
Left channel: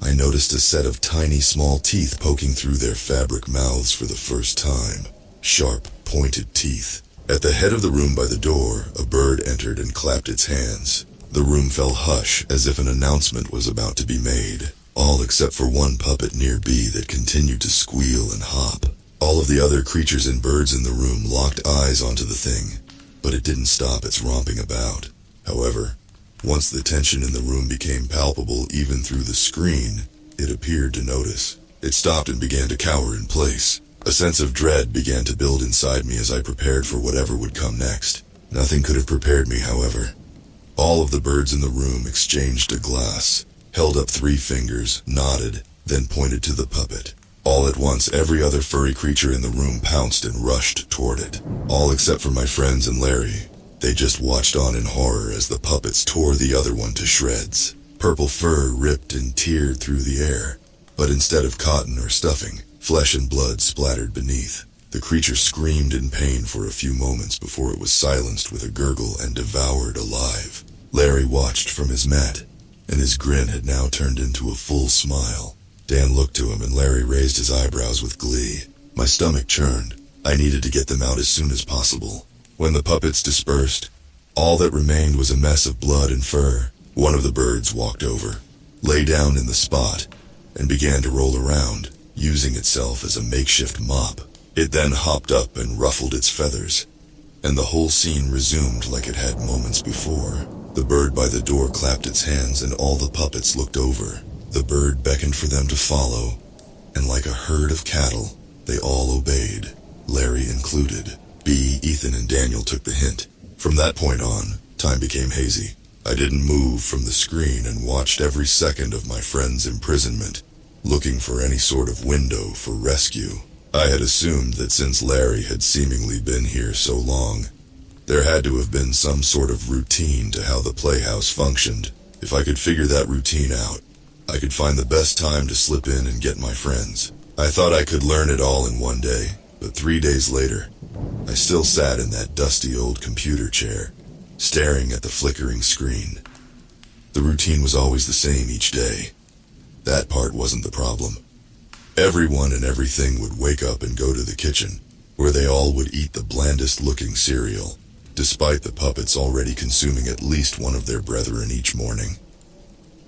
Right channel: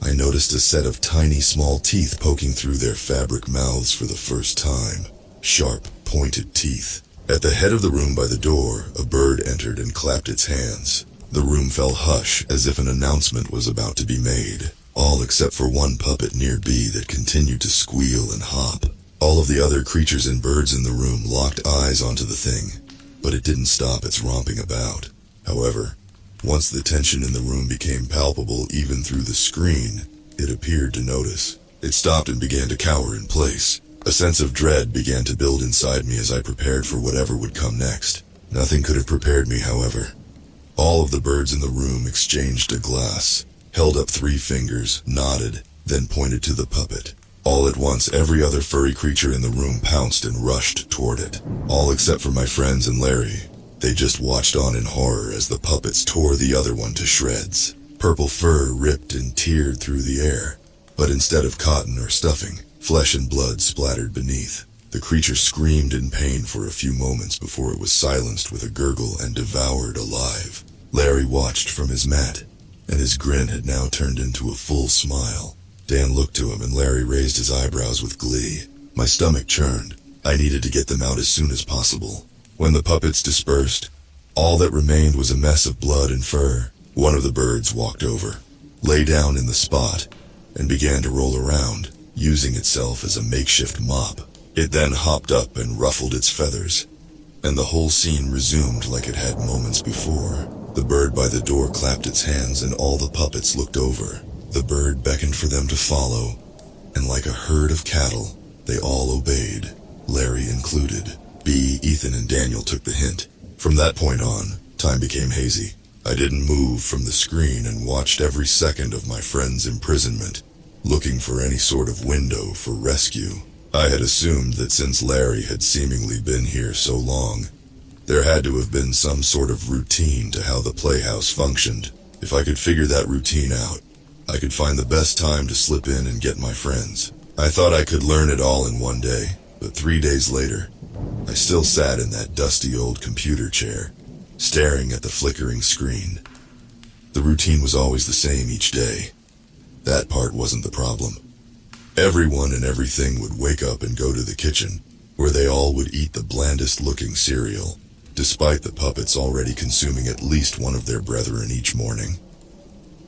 I noticed a set of tiny small teeth poking through their fabric mouths for the first time. Sharp, pointed teeth. At the head of the room by the door, a bird entered and clapped its hands. The room fell hush as if an announcement was about to be made, all except for one puppet near B that continued to squeal and hop. All of the other creatures and birds in the room locked eyes onto the thing, but it didn't stop its romping about. However, once the tension in the room became palpable even through the screen, it appeared to notice. It stopped and began to cower in place. A sense of dread began to build inside me as I prepared for whatever would come next. Nothing could have prepared me, however. All of the birds in the room exchanged a glass, held up 3 fingers, nodded, then pointed to the puppet. All at once, every other furry creature in the room pounced and rushed toward it. All except for my friends and Larry. They just watched on in horror as the puppets tore the other one to shreds. Purple fur ripped and teared through the air, but instead of cotton or stuffing, flesh and blood splattered beneath. The creature screamed in pain for a few moments before it was silenced with a gurgle and devoured alive. Larry watched from his mat, and his grin had now turned into a full smile. Dan looked to him and Larry raised his eyebrows with glee. My stomach churned. I needed to get them out as soon as possible. When the puppets dispersed, all that remained was a mess of blood and fur. One of the birds walked over, lay down in the spot, and began to roll around, using itself as a makeshift mop. It then hopped up and ruffled its feathers, and the whole scene resumed like it had moments before. The bird by the door clapped its hands and all the puppets looked over. The bird beckoned for them to follow, and like a herd of cattle, they all obeyed, Larry included. B, Ethan, and Daniel took the hint. From that point on, time became hazy. I didn't move from the screen and watched every second of my friend's imprisonment, looking for any sort of window for rescue. I had assumed that since Larry had seemingly been here so long, there had to have been some sort of routine to how the playhouse functioned. If I could figure that routine out, I could find the best time to slip in and get my friends. I thought I could learn it all in one day, but 3 days later, I still sat in that dusty old computer chair, staring at the flickering screen. The routine was always the same each day. That part wasn't the problem. Everyone and everything would wake up and go to the kitchen, where they all would eat the blandest-looking cereal, despite the puppets already consuming at least one of their brethren each morning.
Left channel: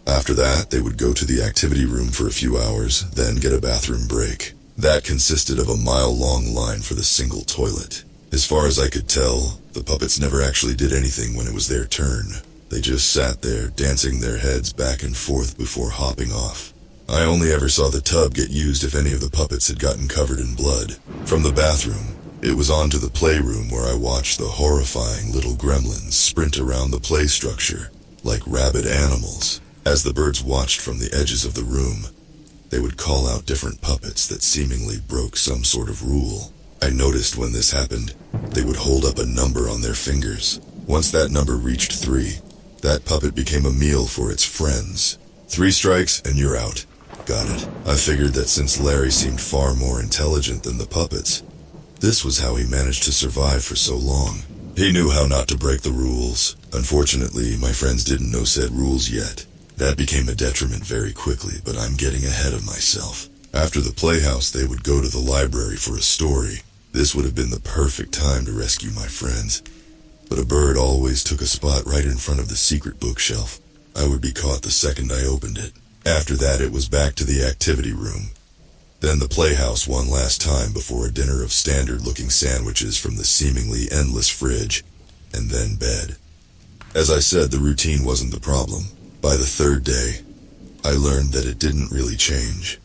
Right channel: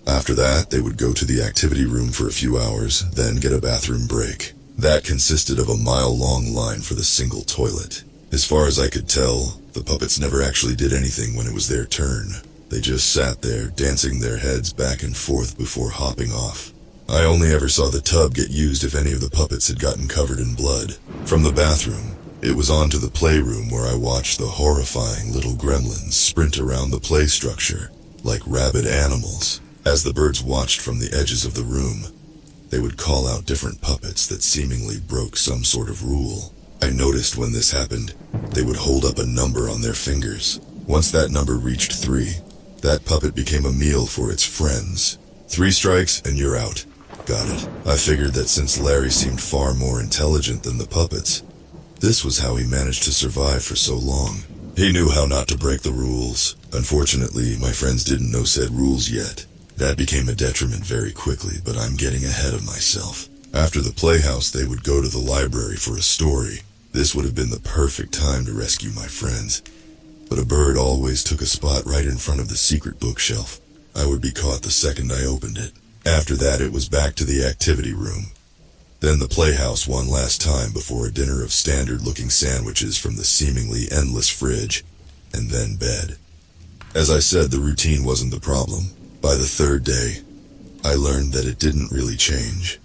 After that, they would go to the activity room for a few hours, then get a bathroom break. That consisted of a mile-long line for the single toilet. As far as I could tell, the puppets never actually did anything when it was their turn. They just sat there, dancing their heads back and forth before hopping off. I only ever saw the tub get used if any of the puppets had gotten covered in blood. From the bathroom, it was on to the playroom where I watched the horrifying little gremlins sprint around the play structure like rabid animals. As the birds watched from the edges of the room, they would call out different puppets that seemingly broke some sort of rule. I noticed when this happened, they would hold up a number on their fingers. Once that number reached 3, that puppet became a meal for its friends. 3 strikes and you're out. Got it. I figured that since Larry seemed far more intelligent than the puppets, this was how he managed to survive for so long. He knew how not to break the rules. Unfortunately, my friends didn't know said rules yet. That became a detriment very quickly, but I'm getting ahead of myself. After the playhouse, they would go to the library for a story. This would have been the perfect time to rescue my friends. But a bird always took a spot right in front of the secret bookshelf. I would be caught the second I opened it. After that, it was back to the activity room. Then the playhouse one last time before a dinner of standard-looking sandwiches from the seemingly endless fridge, and then bed. As I said, the routine wasn't the problem. By the 3rd day, I learned that it didn't really change,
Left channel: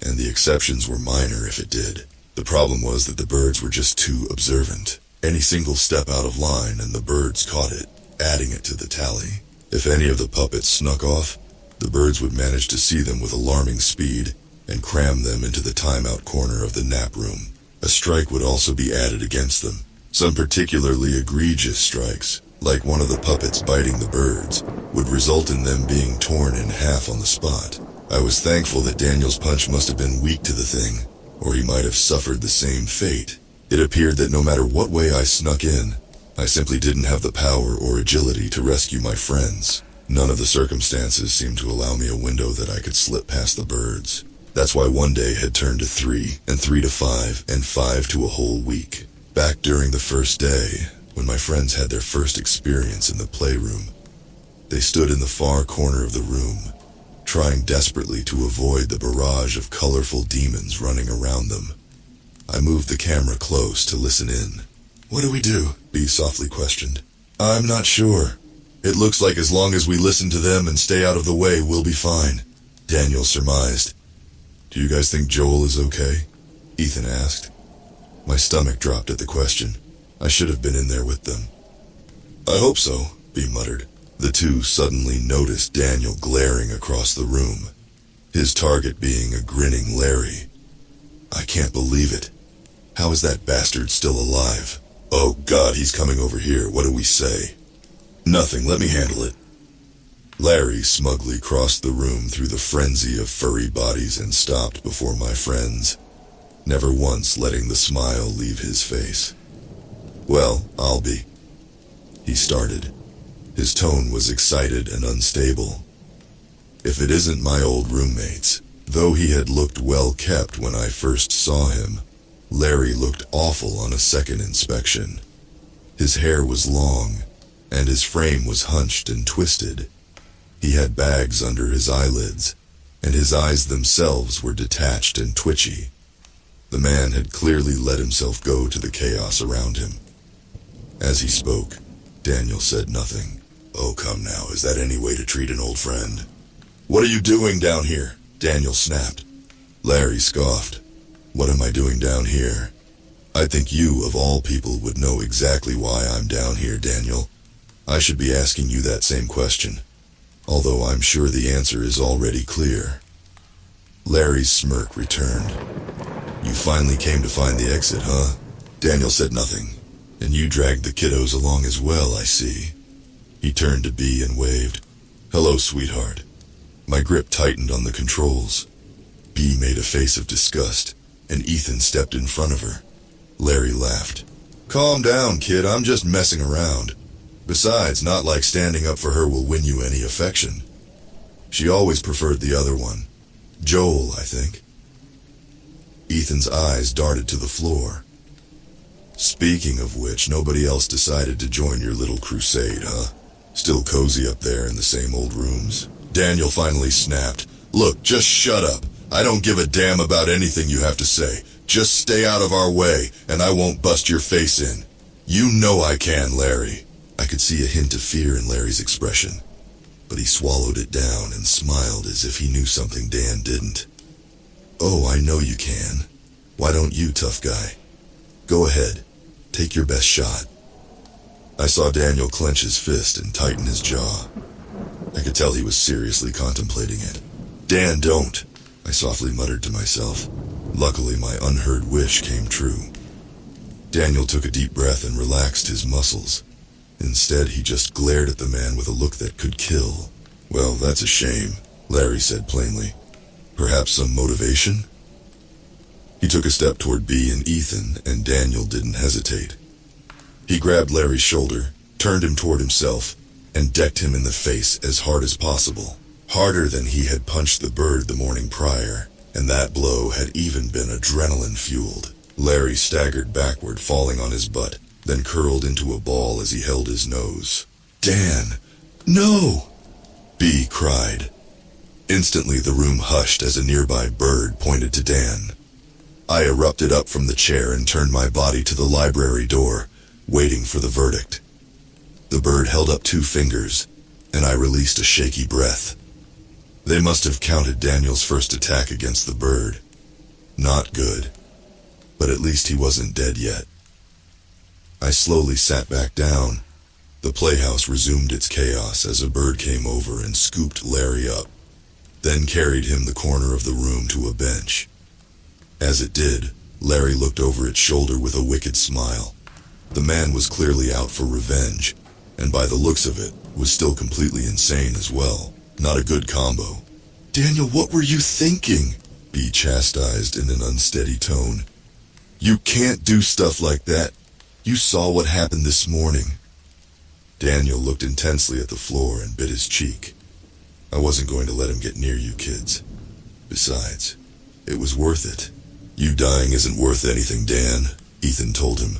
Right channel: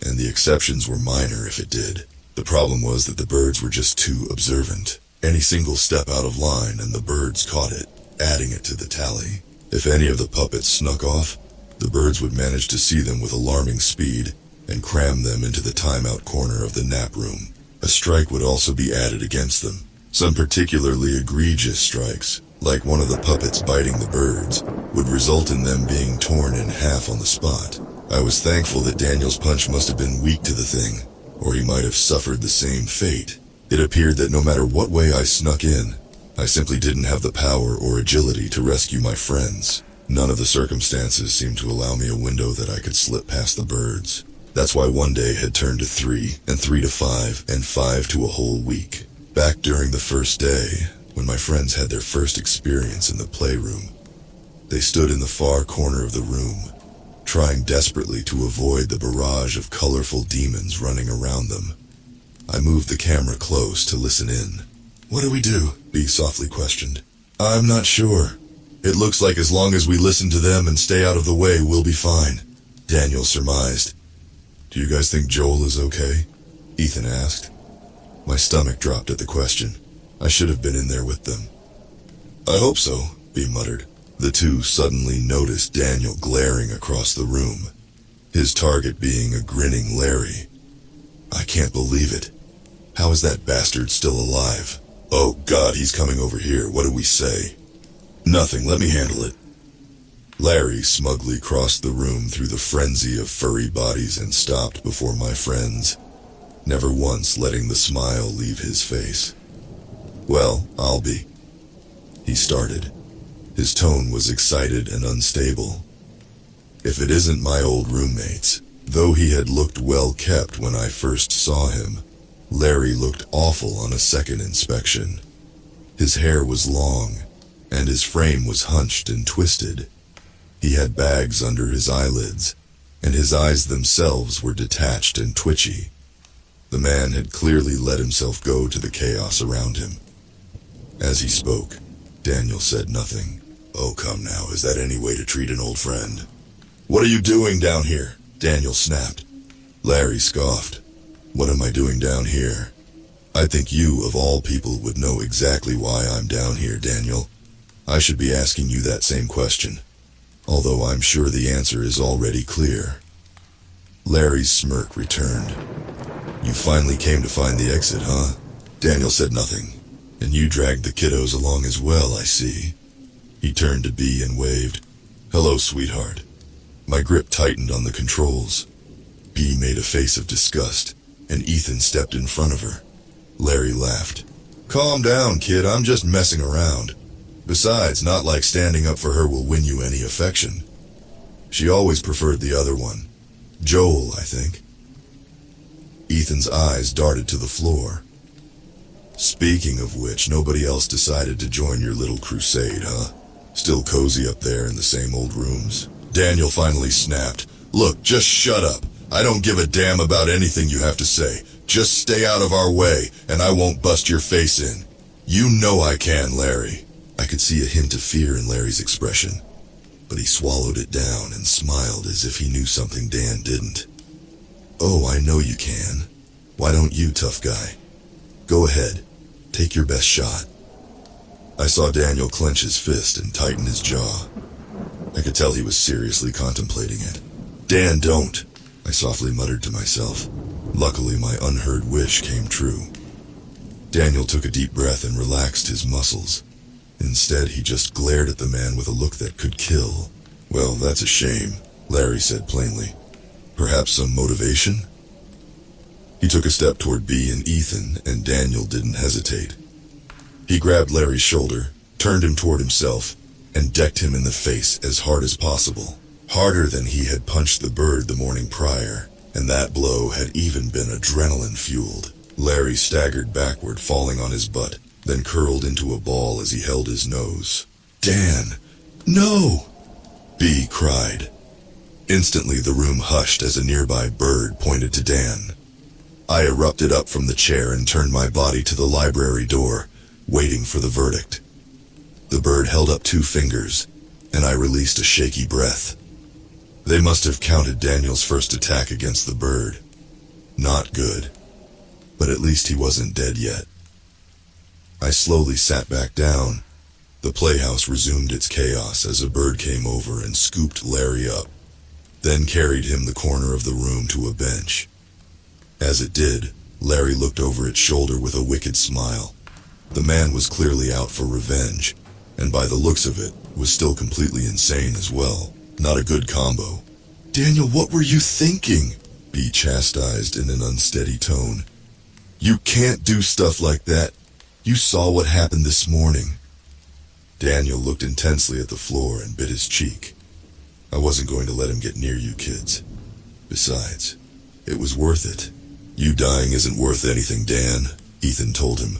and the exceptions were minor if it did. The problem was that the birds were just too observant. Any single step out of line and the birds caught it, adding it to the tally. If any of the puppets snuck off, the birds would manage to see them with alarming speed and cram them into the timeout corner of the nap room. A strike would also be added against them. Some particularly egregious strikes, like one of the puppets biting the birds, would result in them being torn in half on the spot. I was thankful that Daniel's punch must have been weak to the thing, or he might have suffered the same fate. It appeared that no matter what way I snuck in, I simply didn't have the power or agility to rescue my friends. None of the circumstances seemed to allow me a window that I could slip past the birds. That's why one day had turned to 3, and 3 to 5, and 5 to a whole week. Back during the first day, when my friends had their first experience in the playroom, They stood in the far corner of the room, trying desperately to avoid the barrage of colorful demons running around them. I moved the camera close to listen in. "What do we do?" B softly questioned. "I'm not sure. It looks like as long as we listen to them and stay out of the way, we'll be fine," Daniel surmised. "Do you guys think Joel is okay?" Ethan asked. My stomach dropped at the question. I should have been in there with them. "I hope so," B muttered. The two suddenly noticed Daniel glaring across the room, his target being a grinning Larry. "I can't believe it. How is that bastard still alive? Oh God, he's coming over here. What do we say?" "Nothing, let me handle it." Larry smugly crossed the room through the frenzy of furry bodies and stopped before my friends, never once letting the smile leave his face. "Well, I'll be," he started. His tone was excited and unstable. "If it isn't my old roommates," though he had looked well kept when I first saw him, Larry looked awful on a second inspection. His hair was long, and his frame was hunched and twisted. He had bags under his eyelids, and his eyes themselves were detached and twitchy. The man had clearly let himself go to the chaos around him. As he spoke, Daniel said nothing. "Oh, come now, is that any way to treat an old friend?" "What are you doing down here?" Daniel snapped. Larry scoffed. "What am I doing down here? I think you, of all people, would know exactly why I'm down here, Daniel. I should be asking you that same question, although I'm sure the answer is already clear." Larry's smirk returned. "You finally came to find the exit, huh?" Daniel said nothing. "And you dragged the kiddos along as well, I see." He turned to B and waved. "Hello, sweetheart." My grip tightened on the controls. B made a face of disgust, and Ethan stepped in front of her. Larry laughed. "Calm down, kid, I'm just messing around. Besides, not like standing up for her will win you any affection. She always preferred the other one. Joel, I think." Ethan's eyes darted to the floor. "Speaking of which, nobody else decided to join your little crusade, huh? Still cozy up there in the same old rooms?" Daniel finally snapped. "Look, just shut up. I don't give a damn about anything you have to say. Just stay out of our way, and I won't bust your face in. You know I can, Larry." I could see a hint of fear in Larry's expression, but he swallowed it down and smiled as if he knew something Dan didn't. "Oh, I know you can. Why don't you, tough guy? Go ahead. Take your best shot." I saw Daniel clench his fist and tighten his jaw. I could tell he was seriously contemplating it. "Dan, don't," I softly muttered to myself. Luckily, my unheard wish came true. Daniel took a deep breath and relaxed his muscles. Instead, he just glared at the man with a look that could kill. "Well, that's a shame," Larry said plainly. "Perhaps some motivation?" He took a step toward B and Ethan, and Daniel didn't hesitate. He grabbed Larry's shoulder, turned him toward himself, and decked him in the face as hard as possible. Harder than he had punched the bird the morning prior, and that blow had even been adrenaline-fueled. Larry staggered backward, falling on his butt, then curled into a ball as he held his nose. "Dan! No!" B cried. Instantly the room hushed as a nearby bird pointed to Dan. I erupted up from the chair and turned my body to the library door, waiting for the verdict. The bird held up 2 fingers, and I released a shaky breath. They must have counted Daniel's first attack against the bird. Not good. But at least he wasn't dead yet. I slowly sat back down. The playhouse resumed its chaos as a bird came over and scooped Larry up, then carried him the corner of the room to a bench. As it did, Larry looked over its shoulder with a wicked smile. The man was clearly out for revenge, and by the looks of it, was still completely insane as well. Not a good combo. "Daniel, what were you thinking?" B chastised in an unsteady tone. "You can't do stuff like that. You saw what happened this morning." Daniel looked intensely at the floor and bit his cheek. "I wasn't going to let him get near you kids. Besides, it was worth it." "You dying isn't worth anything, Dan," Ethan told him.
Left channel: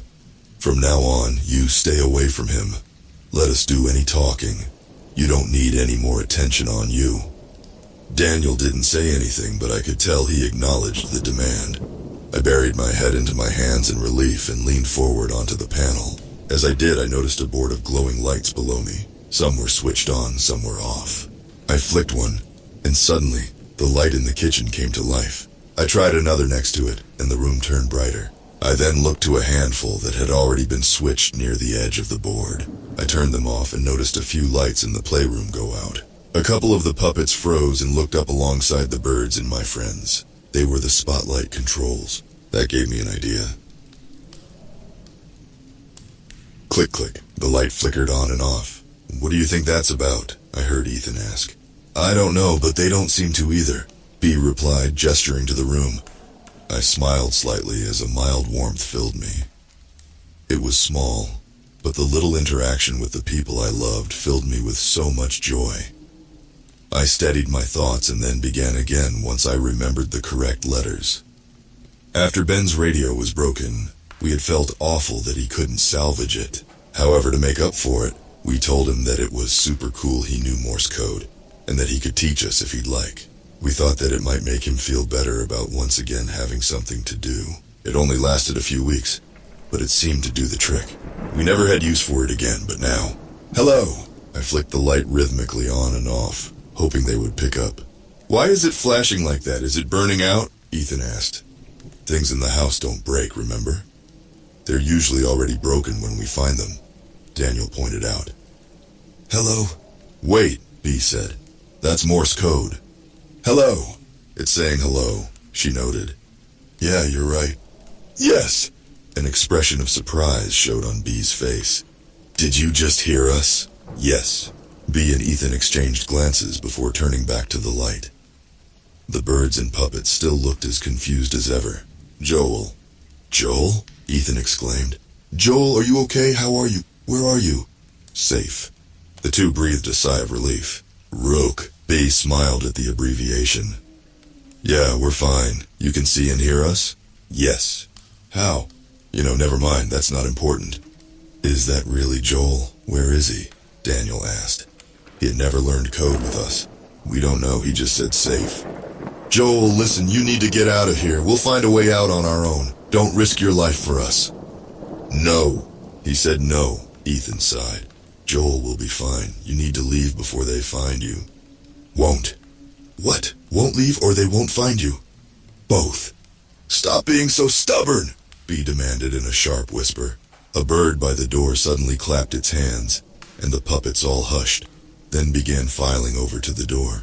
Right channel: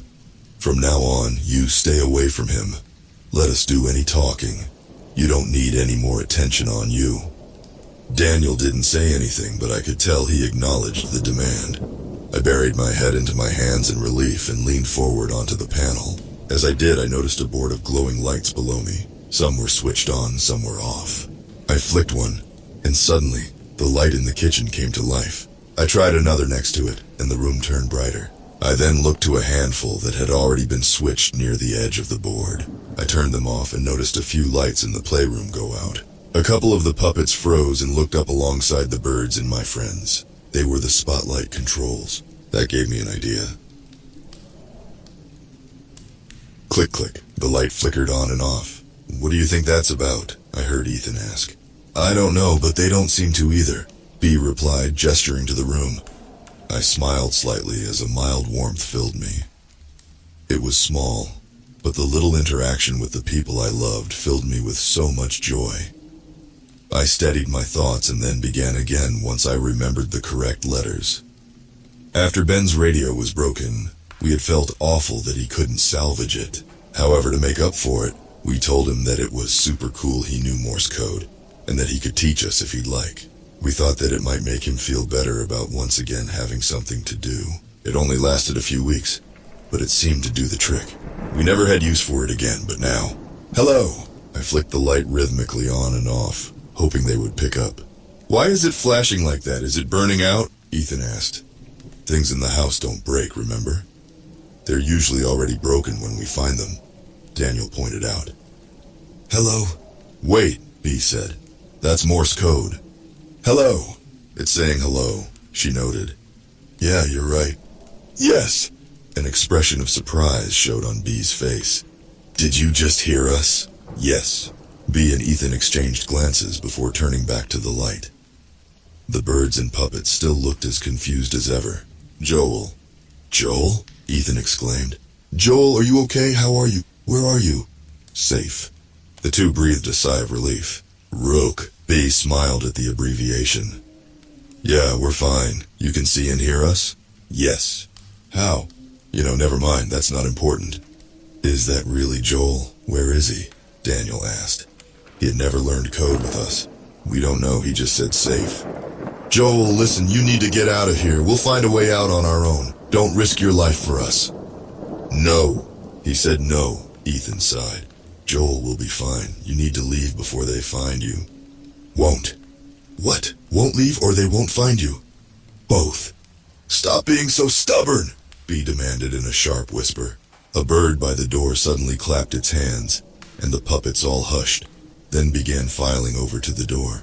"From now on, you stay away from him. Let us do any talking. You don't need any more attention on you." Daniel didn't say anything, but I could tell he acknowledged the demand. I buried my head into my hands in relief and leaned forward onto the panel. As I did, I noticed a board of glowing lights below me. Some were switched on, some were off. I flicked one, and suddenly, the light in the kitchen came to life. I tried another next to it, and the room turned brighter. I then looked to a handful that had already been switched near the edge of the board. I turned them off and noticed a few lights in the playroom go out. A couple of the puppets froze and looked up alongside the birds and my friends. They were the spotlight controls. That gave me an idea. Click, click. The light flickered on and off. "What do you think that's about?" I heard Ethan ask. "I don't know, but they don't seem to either," B replied, gesturing to the room. I smiled slightly as a mild warmth filled me. It was small, but the little interaction with the people I loved filled me with so much joy. I steadied my thoughts and then began again once I remembered the correct letters. After Ben's radio was broken, we had felt awful that he couldn't salvage it. However, to make up for it, we told him that it was super cool he knew Morse code, and that he could teach us if he'd like. We thought that it might make him feel better about once again having something to do. It only lasted a few weeks, but it seemed to do the trick. We never had use for it again, but now... "Hello!" I flicked the light rhythmically on and off, hoping they would pick up. "Why is it flashing like that? Is it burning out?" Ethan asked. "Things in the house don't break, remember? They're usually already broken when we find them," Daniel pointed out. "Hello?" "Wait," B said. "That's Morse code." "Hello." "It's saying hello," she noted. "Yeah, you're right." "Yes." An expression of surprise showed on B's face. "Did you just hear us?" "Yes." B and Ethan exchanged glances before turning back to the light. The birds and puppets still looked as confused as ever. "Joel." "Joel?" Ethan exclaimed. "Joel, are you okay? How are you? Where are you?" "Safe." The two breathed a sigh of relief. "Rook." B smiled at the abbreviation. "Yeah, we're fine. You can see and hear us?" "Yes." "How?" Never mind, that's not important." "Is that really Joel? Where is he?" Daniel asked. He had never learned code with us. "We don't know, he just said safe." "Joel, listen, you need to get out of here. We'll find a way out on our own. Don't risk your life for us." "No." He said no. Ethan sighed. "Joel will be fine. You need to leave before they find you." "Won't." "What? Won't leave or they won't find you?" "Both." "Stop being so stubborn," B demanded in a sharp whisper. A bird by the door suddenly clapped its hands, and the puppets all hushed, then began filing over to the door.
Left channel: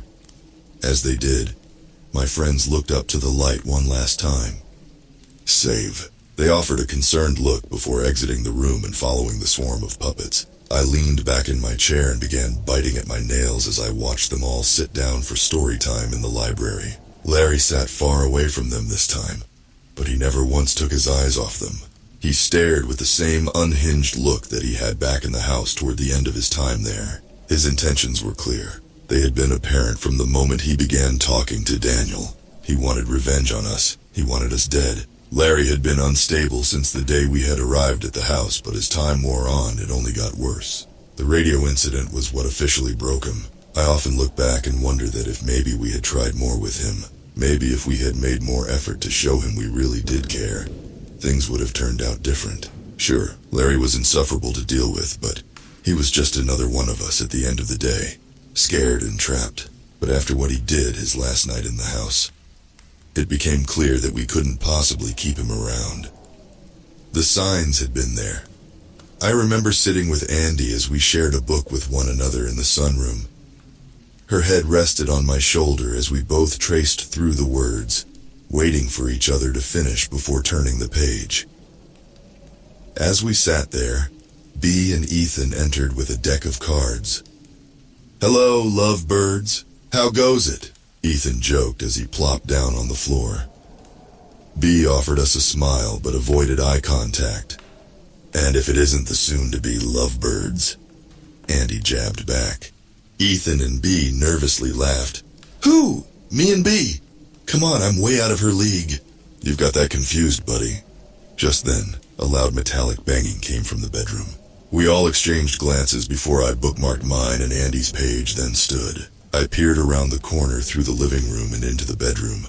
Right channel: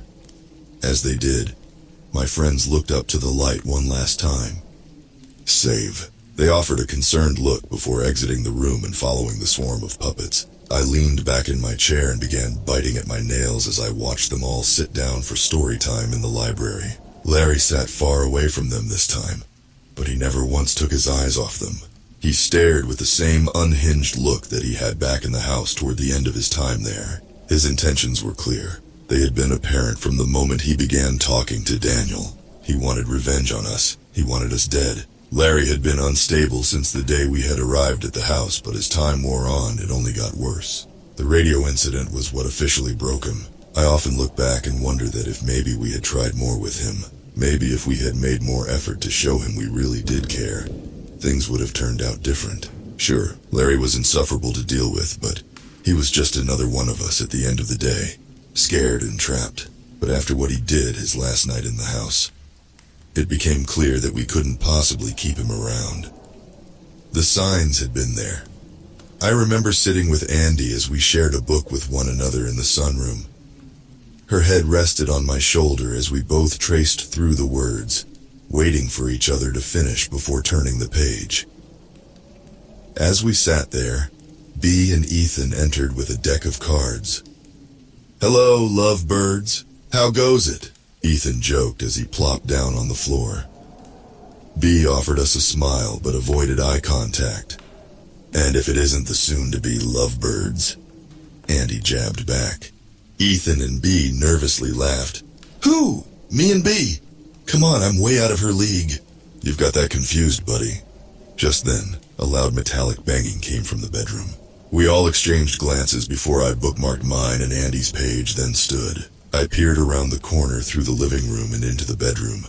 As they did, my friends looked up to the light one last time. "Save." They offered a concerned look before exiting the room and following the swarm of puppets. I leaned back in my chair and began biting at my nails as I watched them all sit down for story time in the library. Larry sat far away from them this time, but he never once took his eyes off them. He stared with the same unhinged look that he had back in the house toward the end of his time there. His intentions were clear. They had been apparent from the moment he began talking to Daniel. He wanted revenge on us. He wanted us dead. Larry had been unstable since the day we had arrived at the house, but as time wore on, it only got worse. The radio incident was what officially broke him. I often look back and wonder that if maybe we had tried more with him, maybe if we had made more effort to show him we really did care, things would have turned out different. Sure, Larry was insufferable to deal with, but he was just another one of us at the end of the day, scared and trapped. But after what he did his last night in the house, it became clear that we couldn't possibly keep him around. The signs had been there. I remember sitting with Andy as we shared a book with one another in the sunroom. Her head rested on my shoulder as we both traced through the words, waiting for each other to finish before turning the page. As we sat there, B and Ethan entered with a deck of cards. "Hello, lovebirds. How goes it?" Ethan joked as he plopped down on the floor. B offered us a smile but avoided eye contact. "And if it isn't the soon-to-be lovebirds," Andy jabbed back. Ethan and B nervously laughed. "Who? Me and B? Come on, I'm way out of her league." "You've got that confused, buddy." Just then, a loud metallic banging came from the bedroom. We all exchanged glances before I bookmarked mine and Andy's page, then stood. I peered around the corner through the living room and into the bedroom,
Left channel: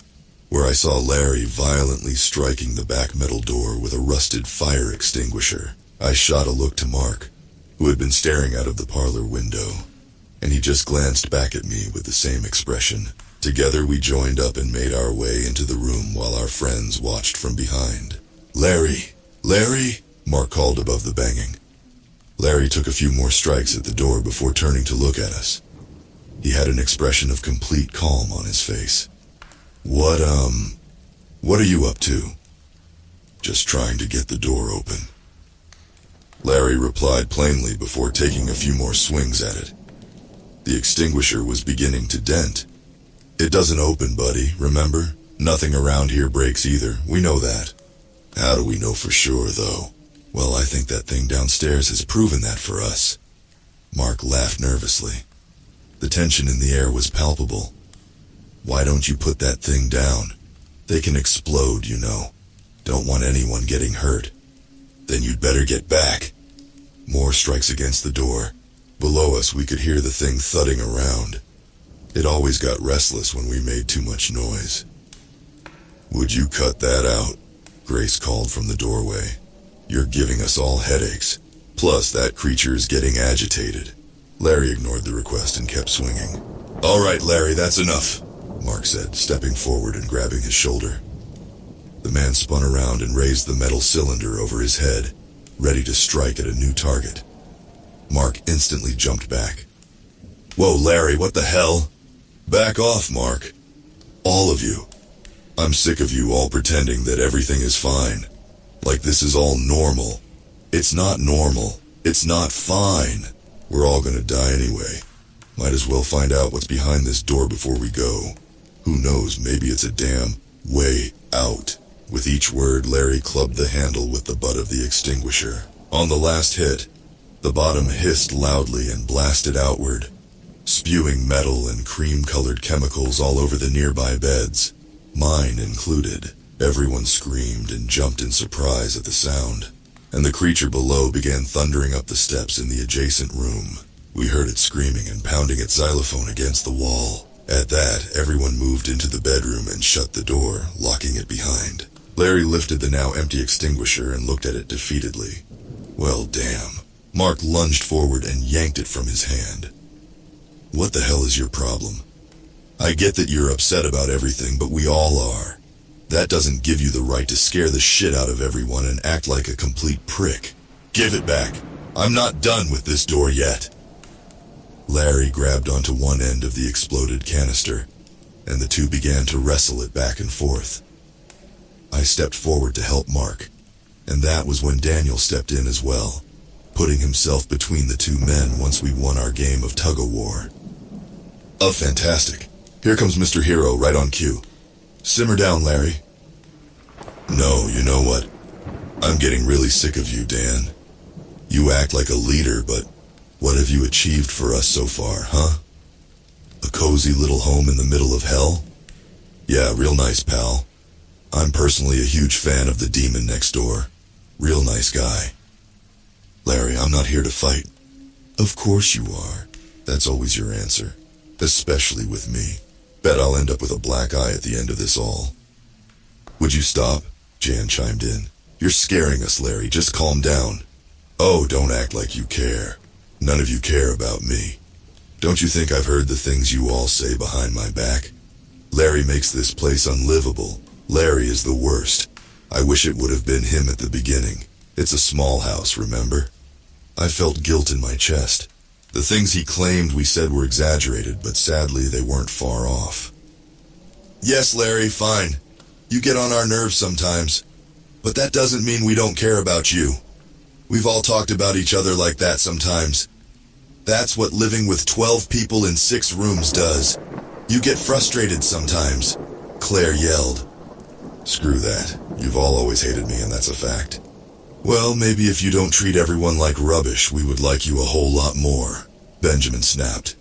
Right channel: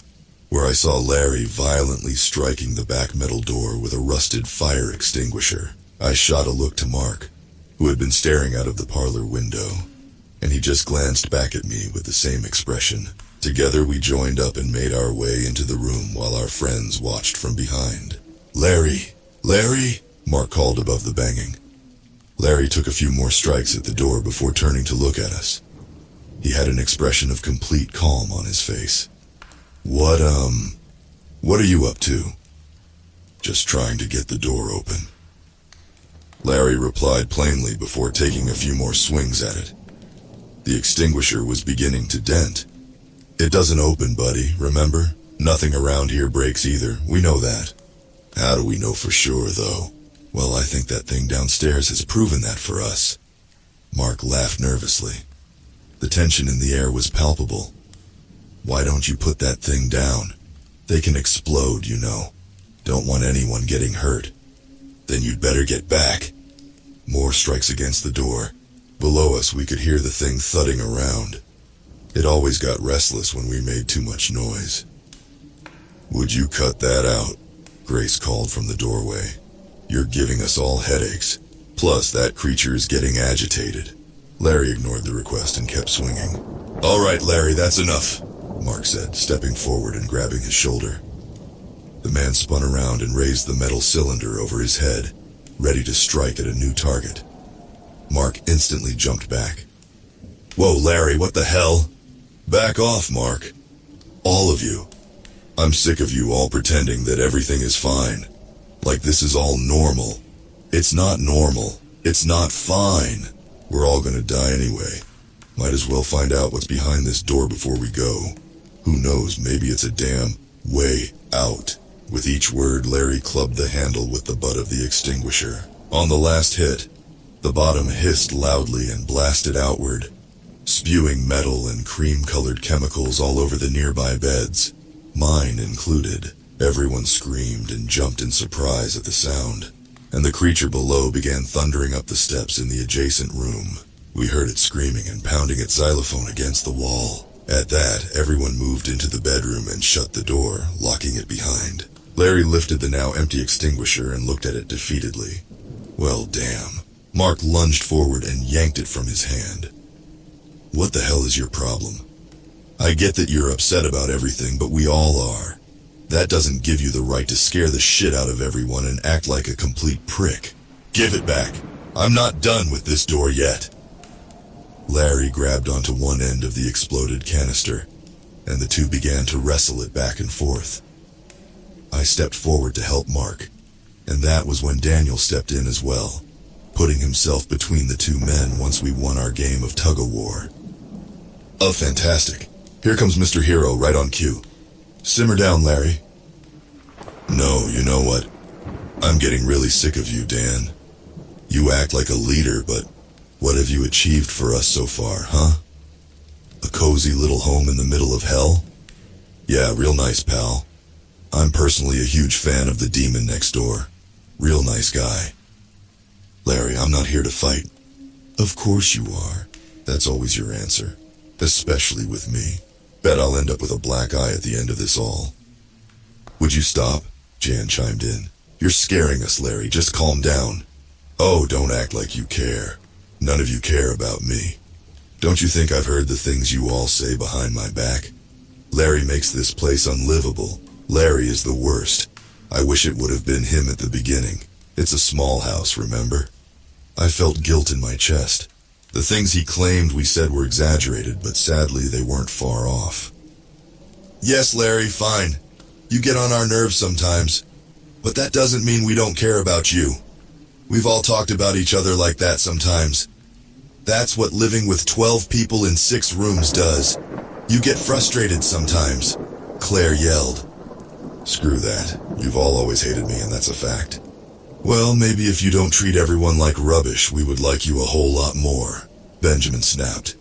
where I saw Larry violently striking the back metal door with a rusted fire extinguisher. I shot a look to Mark, who had been staring out of the parlor window, and he just glanced back at me with the same expression. Together we joined up and made our way into the room while our friends watched from behind. "Larry! Larry!" Mark called above the banging. Larry took a few more strikes at the door before turning to look at us. He had an expression of complete calm on his face. What are you up to?" "Just trying to get the door open," Larry replied plainly before taking a few more swings at it. The extinguisher was beginning to dent. "It doesn't open, buddy, remember? Nothing around here breaks either, we know that." "How do we know for sure, though?" "Well, I think that thing downstairs has proven that for us." Mark laughed nervously. The tension in the air was palpable. "Why don't you put that thing down? They can explode, you know. Don't want anyone getting hurt." "Then you'd better get back." More strikes against the door. Below us we could hear the thing thudding around. It always got restless when we made too much noise. "Would you cut that out?" Grace called from the doorway. "You're giving us all headaches. Plus, that creature is getting agitated." Larry ignored the request and kept swinging. "All right, Larry, that's enough," Mark said, stepping forward and grabbing his shoulder. The man spun around and raised the metal cylinder over his head, ready to strike at a new target. Mark instantly jumped back. "Whoa, Larry, what the hell?" "Back off, Mark. All of you. I'm sick of you all pretending that everything is fine. Like this is all normal. It's not normal. It's not fine. We're all gonna die anyway. Might as well find out what's behind this door before we go. Who knows, maybe it's a damn way out." With each word, Larry clubbed the handle with the butt of the extinguisher. On the last hit, the bottom hissed loudly and blasted outward, spewing metal and cream-colored chemicals all over the nearby beds, mine included. Everyone screamed and jumped in surprise at the sound, and the creature below began thundering up the steps in the adjacent room. We heard it screaming and pounding its xylophone against the wall. At that, everyone moved into the bedroom and shut the door, locking it behind. Larry lifted the now empty extinguisher and looked at it defeatedly. "Well, damn." Mark lunged forward and yanked it from his hand. "What the hell is your problem? I get that you're upset about everything, but we all are. That doesn't give you the right to scare the shit out of everyone and act like a complete prick. Give it back. I'm not done with this door yet." Larry grabbed onto one end of the exploded canister, and the two began to wrestle it back and forth. I stepped forward to help Mark, and that was when Daniel stepped in as well, putting himself between the two men once we won our game of tug-of-war. "Oh, fantastic. Here comes Mr. Hero right on cue. Simmer down, Larry." "No, you know what? I'm getting really sick of you, Dan. You act like a leader, but what have you achieved for us so far, huh? A cozy little home in the middle of hell? Yeah, real nice, pal. I'm personally a huge fan of the demon next door. Real nice guy." "Larry, I'm not here to fight." "Of course you are. That's always your answer. Especially with me. Bet I'll end up with a black eye at the end of this all." "Would you stop?" Jan chimed in. "You're scaring us, Larry. Just calm down." "Oh, don't act like you care. None of you care about me. Don't you think I've heard the things you all say behind my back? Larry makes this place unlivable. Larry is the worst. I wish it would have been him at the beginning. It's a small house, remember? I felt guilt in my chest. The things he claimed we said were exaggerated, but sadly they weren't far off." "Yes, Larry, fine. You get on our nerves sometimes. But that doesn't mean we don't care about you. We've all talked about each other like that sometimes. That's what living with 12 people in 6 rooms does. You get frustrated sometimes," Claire yelled. "Screw that. You've all always hated me, and that's a fact." "Well, maybe if you don't treat everyone like rubbish, we would like you a whole lot more," Benjamin snapped.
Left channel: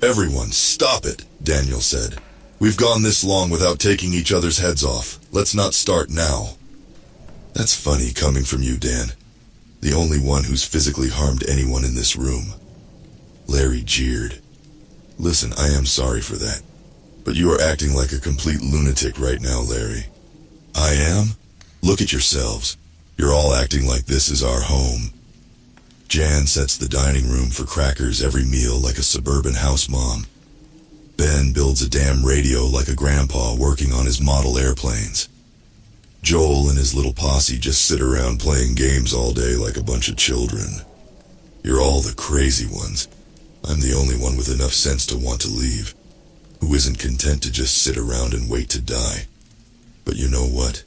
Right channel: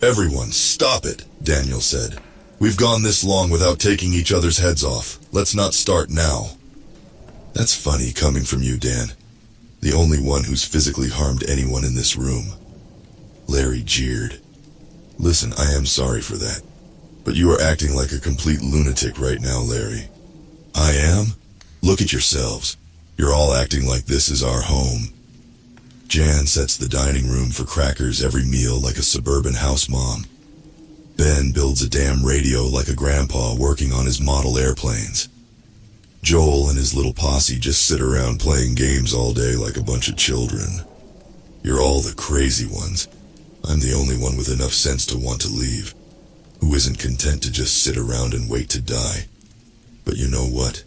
"Everyone, stop it," Daniel said. "We've gone this long without taking each other's heads off. Let's not start now." "That's funny coming from you, Dan. The only one who's physically harmed anyone in this room. Larry jeered. Listen, I am sorry for that. But you are acting like a complete lunatic right now, Larry. I am? Look at yourselves. You're all acting like this is our home. Jan sets the dining room for crackers every meal like a suburban house mom. Ben builds a damn radio like a grandpa working on his model airplanes. Joel and his little posse just sit around playing games all day like a bunch of children. You're all the crazy ones. I'm the only one with enough sense to want to leave, who isn't content to just sit around and wait to die. But you know what?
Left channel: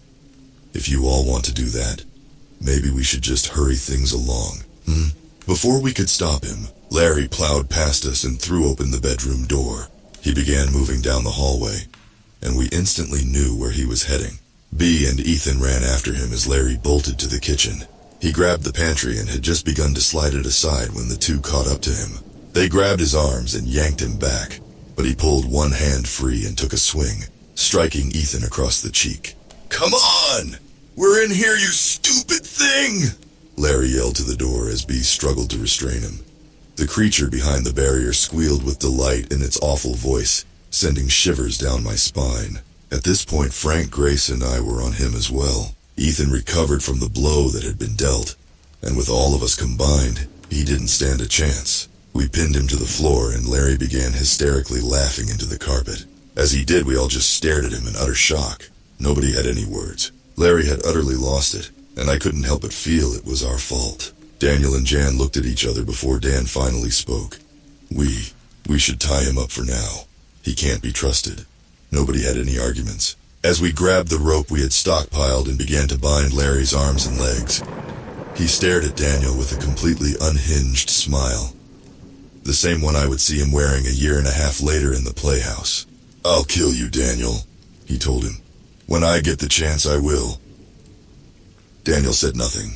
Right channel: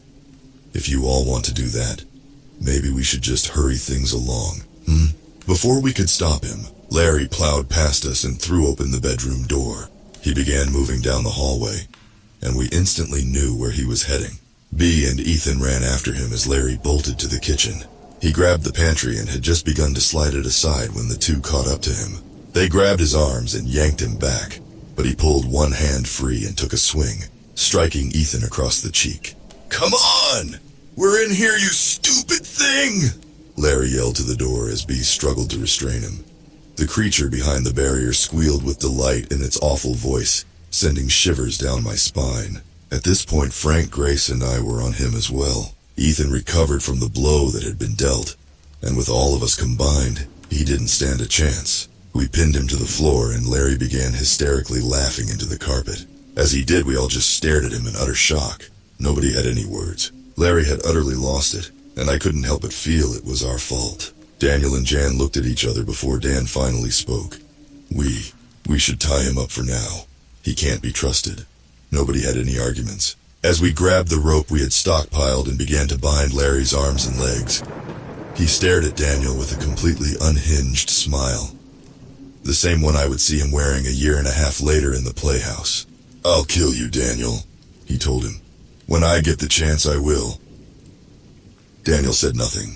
If you all want to do that, maybe we should just hurry things along, Before we could stop him, Larry plowed past us and threw open the bedroom door. He began moving down the hallway, and we instantly knew where he was heading. Bea and Ethan ran after him as Larry bolted to the kitchen. He grabbed the pantry and had just begun to slide it aside when the two caught up to him. They grabbed his arms and yanked him back, but he pulled one hand free and took a swing, striking Ethan across the cheek. "Come on! We're in here, you stupid thing!" Larry yelled to the door as Bea struggled to restrain him. The creature behind the barrier squealed with delight in its awful voice, sending shivers down my spine. At this point, Frank, Grace, and I were on him as well. Ethan recovered from the blow that had been dealt, and with all of us combined, he didn't stand a chance. We pinned him to the floor, and Larry began hysterically laughing into the carpet. As he did, we all just stared at him in utter shock. Nobody had any words. Larry had utterly lost it, and I couldn't help but feel it was our fault. Daniel and Jan looked at each other before Dan finally spoke. We should tie him up for now. He can't be trusted. Nobody had any arguments. As we grabbed the rope we had stockpiled and began to bind Larry's arms and legs, he stared at Daniel with a completely unhinged smile. The same one I would see him wearing a year and a half later in the playhouse. "I'll kill you, Daniel," he told him. "When I get the chance, I will." Daniel said nothing.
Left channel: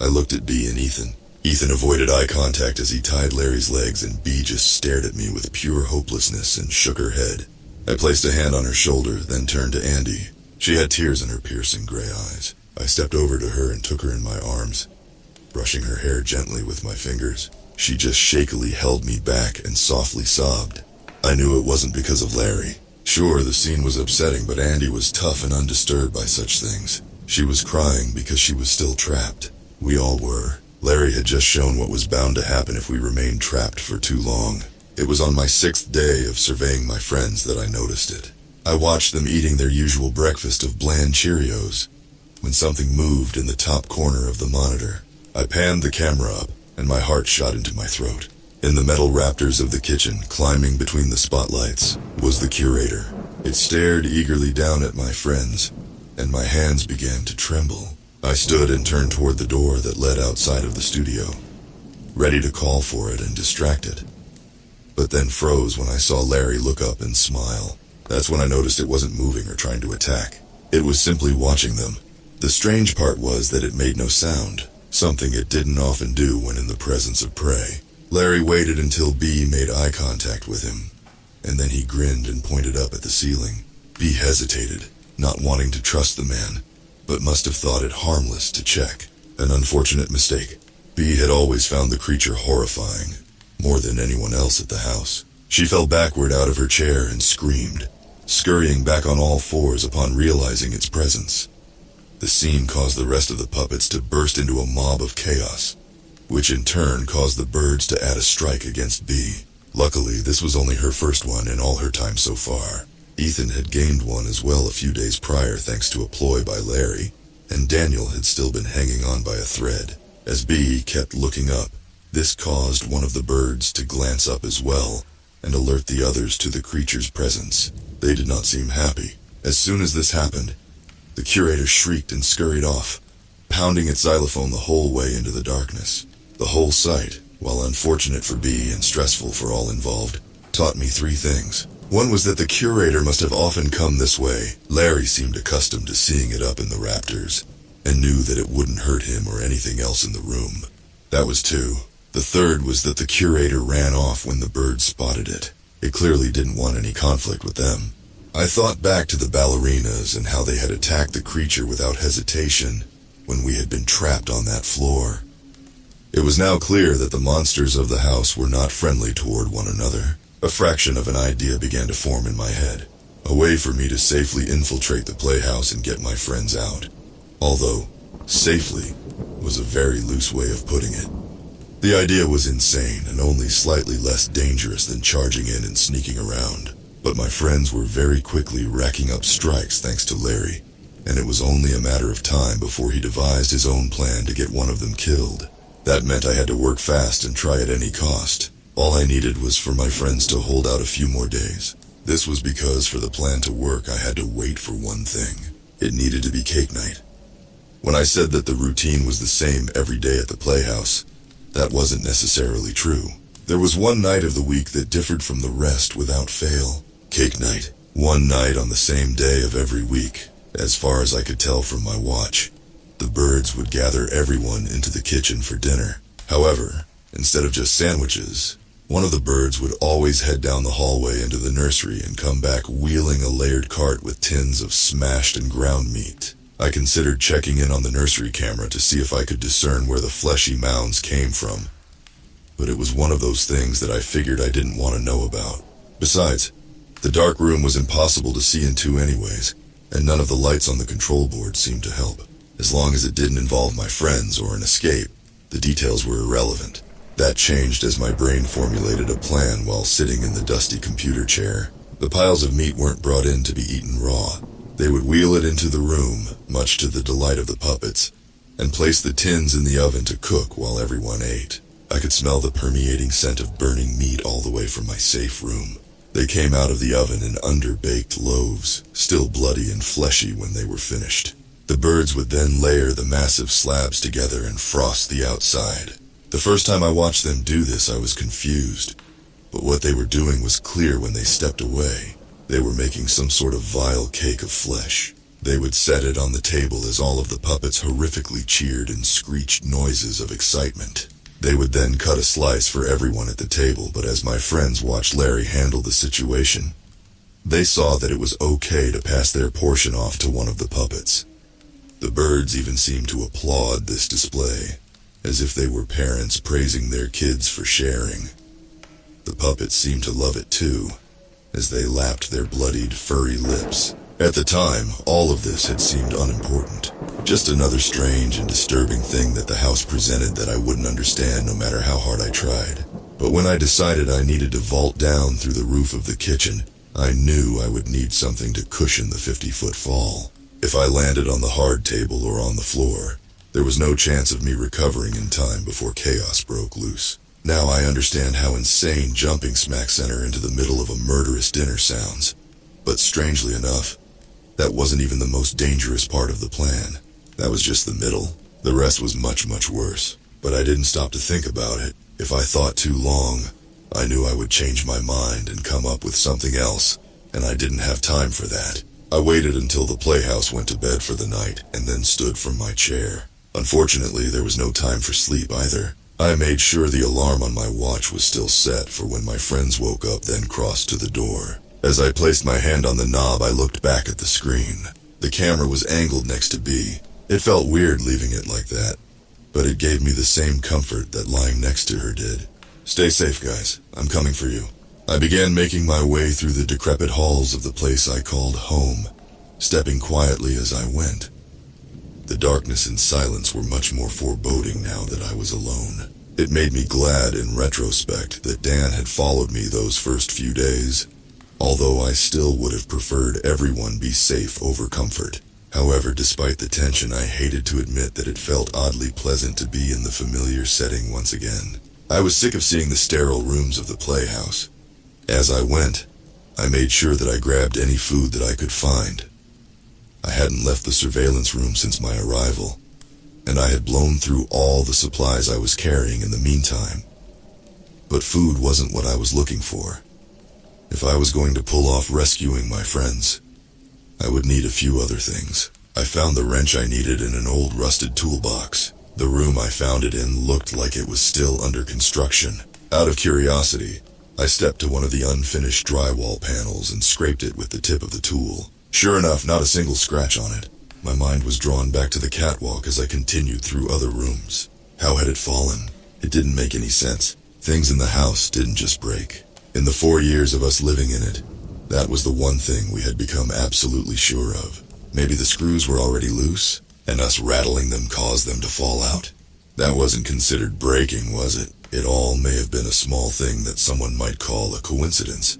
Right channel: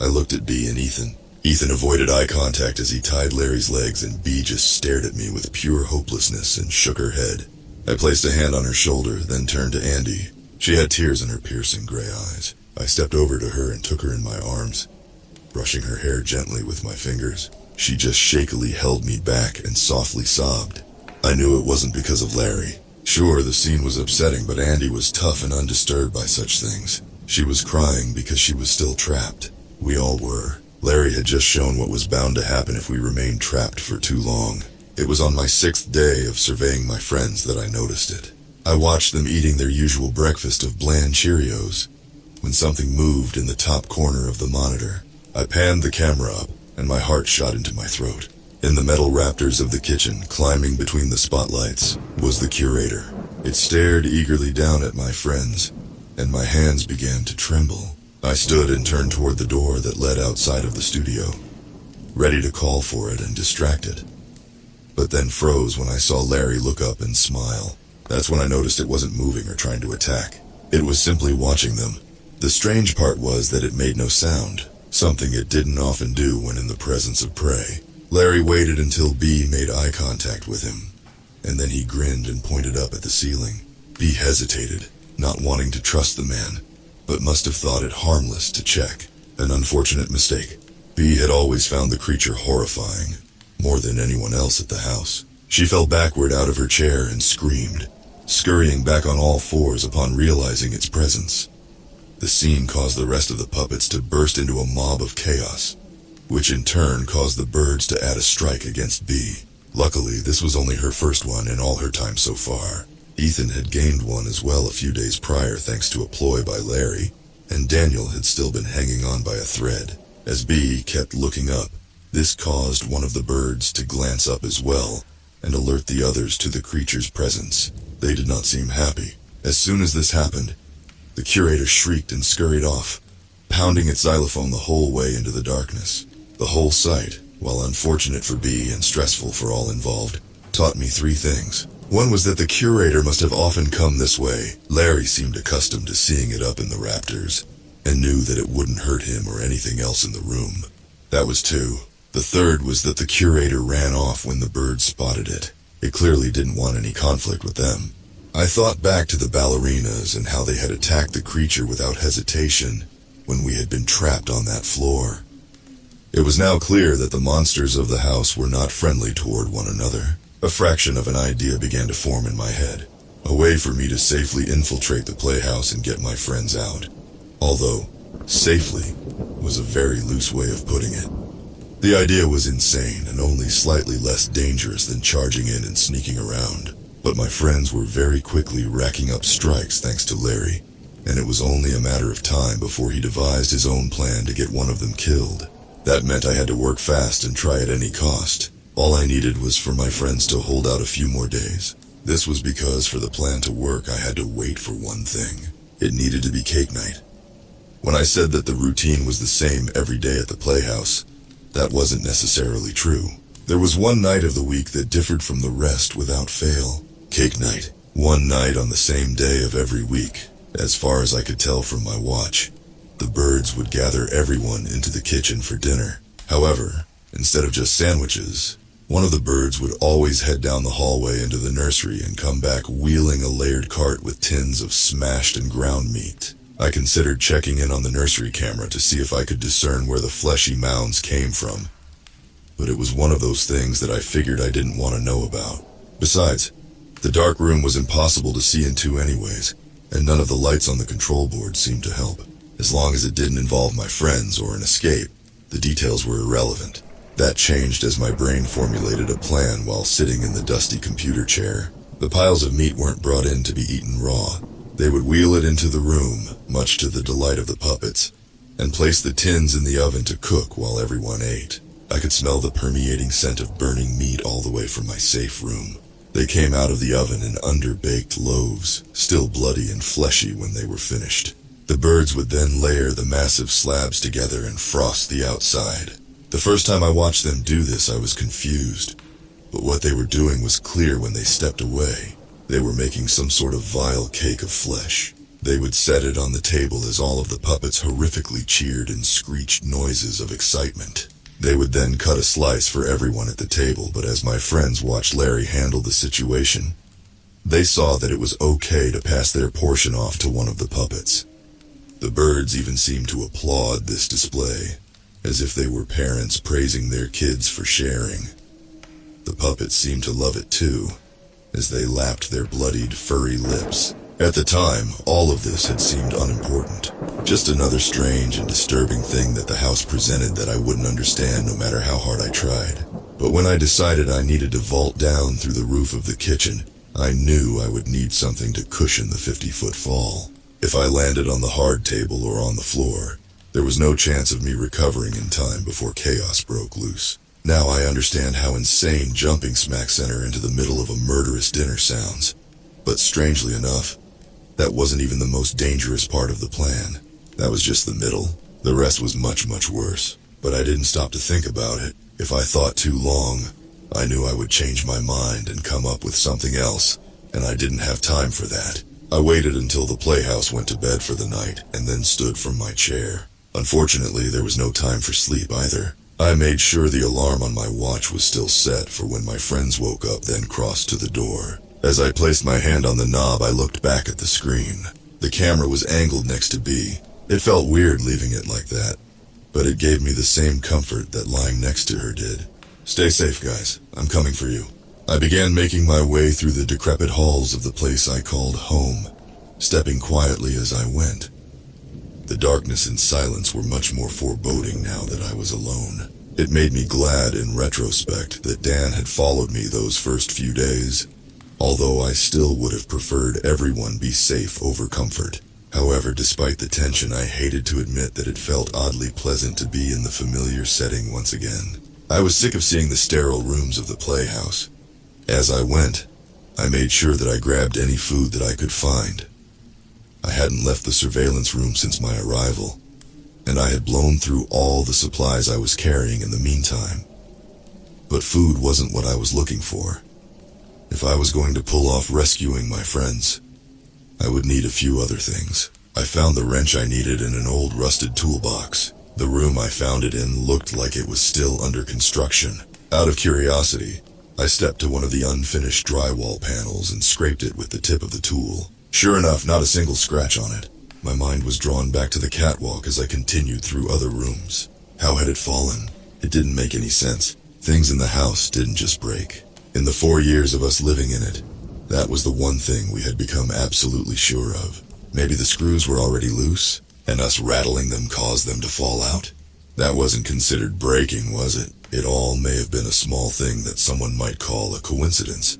I looked at Bea and Ethan. Ethan avoided eye contact as he tied Larry's legs, and Bea just stared at me with pure hopelessness and shook her head. I placed a hand on her shoulder, then turned to Andy. She had tears in her piercing gray eyes. I stepped over to her and took her in my arms, brushing her hair gently with my fingers. She just shakily held me back and softly sobbed. I knew it wasn't because of Larry. Sure, the scene was upsetting, but Andy was tough and undisturbed by such things. She was crying because she was still trapped. We all were. Larry had just shown what was bound to happen if we remained trapped for too long. It was on my 6th day of surveying my friends that I noticed it. I watched them eating their usual breakfast of bland Cheerios when something moved in the top corner of the monitor. I panned the camera up, and my heart shot into my throat. In the metal rafters of the kitchen, climbing between the spotlights, was the curator. It stared eagerly down at my friends, and my hands began to tremble. I stood and turned toward the door that led outside of the studio, ready to call for it and distract it. But then froze when I saw Larry look up and smile. That's when I noticed it wasn't moving or trying to attack. It was simply watching them. The strange part was that it made no sound, something it didn't often do when in the presence of prey. Larry waited until Bea made eye contact with him, and then he grinned and pointed up at the ceiling. Bea hesitated, not wanting to trust the man, but must have thought it harmless to check. An unfortunate mistake. Bea had always found the creature horrifying, more than anyone else at the house. She fell backward out of her chair and screamed, scurrying back on all fours upon realizing its presence. The scene caused the rest of the puppets to burst into a mob of chaos, which in turn caused the birds to add a strike against Bea. Luckily, this was only her first one in all her time so far. Ethan had gained one as well a few days prior thanks to a ploy by Larry, and Daniel had still been hanging on by a thread. As Bea kept looking up, this caused one of the birds to glance up as well and alert the others to the creature's presence. They did not seem happy. As soon as this happened, the curator shrieked and scurried off, pounding its xylophone the whole way into the darkness. The whole sight, while unfortunate for Bea and stressful for all involved, taught me 3 things. One was that the curator must have often come this way. Larry seemed accustomed to seeing it up in the rafters, and knew that it wouldn't hurt him or anything else in the room. That was 2. The third was that the curator ran off when the birds spotted it. It clearly didn't want any conflict with them. I thought back to the ballerinas and how they had attacked the creature without hesitation when we had been trapped on that floor. It was now clear that the monsters of the house were not friendly toward one another. A fraction of an idea began to form in my head. A way for me to safely infiltrate the playhouse and get my friends out. Although, safely was a very loose way of putting it. The idea was insane and only slightly less dangerous than charging in and sneaking around. But my friends were very quickly racking up strikes thanks to Larry, and it was only a matter of time before he devised his own plan to get one of them killed. That meant I had to work fast and try at any cost. All I needed was for my friends to hold out a few more days. This was because for the plan to work, I had to wait for one thing. It needed to be cake night. When I said that the routine was the same every day at the playhouse, that wasn't necessarily true. There was one night of the week that differed from the rest without fail. Cake night. One night on the same day of every week. As far as I could tell from my watch, the birds would gather everyone into the kitchen for dinner. However, instead of just sandwiches, one of the birds would always head down the hallway into the nursery and come back wheeling a layered cart with tins of smashed and ground meat. I considered checking in on the nursery camera to see if I could discern where the fleshy mounds came from. But it was one of those things that I figured I didn't want to know about. Besides, the dark room was impossible to see into anyways, and none of the lights on the control board seemed to help. As long as it didn't involve my friends or an escape, the details were irrelevant. That changed as my brain formulated a plan while sitting in the dusty computer chair. The piles of meat weren't brought in to be eaten raw. They would wheel it into the room, much to the delight of the puppets, and place the tins in the oven to cook while everyone ate. I could smell the permeating scent of burning meat all the way from my safe room. They came out of the oven in underbaked loaves, still bloody and fleshy when they were finished. The birds would then layer the massive slabs together and frost the outside. The first time I watched them do this, I was confused. But what they were doing was clear when they stepped away. They were making some sort of vile cake of flesh. They would set it on the table as all of the puppets horrifically cheered and screeched noises of excitement. They would then cut a slice for everyone at the table, but as my friends watched Larry handle the situation, they saw that it was okay to pass their portion off to one of the puppets. The birds even seemed to applaud this display, as if they were parents praising their kids for sharing. The puppets seemed to love it too, as they lapped their bloodied, furry lips. At the time, all of this had seemed unimportant. Just another strange and disturbing thing that the house presented that I wouldn't understand no matter how hard I tried. But when I decided I needed to vault down through the roof of the kitchen, I knew I would need something to cushion the 50-foot fall. If I landed on the hard table or on the floor, there was no chance of me recovering in time before chaos broke loose. Now I understand how insane jumping smack center into the middle of a murderous dinner sounds. But strangely enough, that wasn't even the most dangerous part of the plan. That was just the middle. The rest was much, much worse. But I didn't stop to think about it. If I thought too long, I knew I would change my mind and come up with something else, and I didn't have time for that. I waited until the playhouse went to bed for the night, and then stood from my chair. Unfortunately, there was no time for sleep either. I made sure the alarm on my watch was still set for when my friends woke up, then crossed to the door. As I placed my hand on the knob, I looked back at the screen. The camera was angled next to B. It felt weird leaving it like that, but it gave me the same comfort that lying next to her did. Stay safe, guys. I'm coming for you. I began making my way through the decrepit halls of the place I called home, stepping quietly as I went. The darkness and silence were much more foreboding now that I was alone. It made me glad in retrospect that Dan had followed me those first few days, although I still would have preferred everyone be safe over comfort. However, despite the tension, I hated to admit that it felt oddly pleasant to be in the familiar setting once again. I was sick of seeing the sterile rooms of the playhouse. As I went, I made sure that I grabbed any food that I could find. I hadn't left the surveillance room since my arrival, and I had blown through all the supplies I was carrying in the meantime. But food wasn't what I was looking for. If I was going to pull off rescuing my friends, I would need a few other things. I found the wrench I needed in an old rusted toolbox. The room I found it in looked like it was still under construction. Out of curiosity, I stepped to one of the unfinished drywall panels and scraped it with the tip of the tool. Sure enough, not a single scratch on it. My mind was drawn back to the catwalk as I continued through other rooms. How had it fallen? It didn't make any sense. Things in the house didn't just break. In the 4 years of us living in it, that was the one thing we had become absolutely sure of. Maybe the screws were already loose, and us rattling them caused them to fall out. That wasn't considered breaking, was it? It all may have been a small thing that someone might call a coincidence.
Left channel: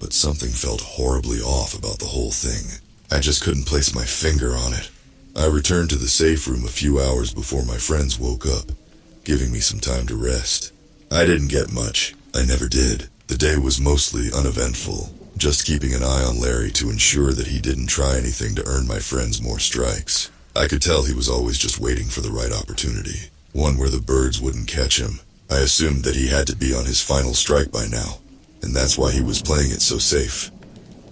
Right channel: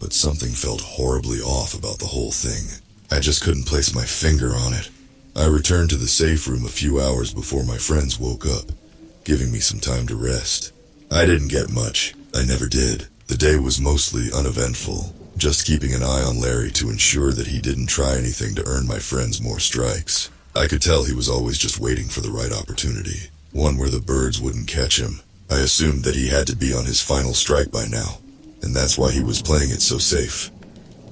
But something felt horribly off about the whole thing. I just couldn't place my finger on it. I returned to the safe room a few hours before my friends woke up, giving me some time to rest. I didn't get much. I never did. The day was mostly uneventful, just keeping an eye on Larry to ensure that he didn't try anything to earn my friends more strikes. I could tell he was always just waiting for the right opportunity, one where the birds wouldn't catch him. I assumed that he had to be on his final strike by now, and that's why he was playing it so safe.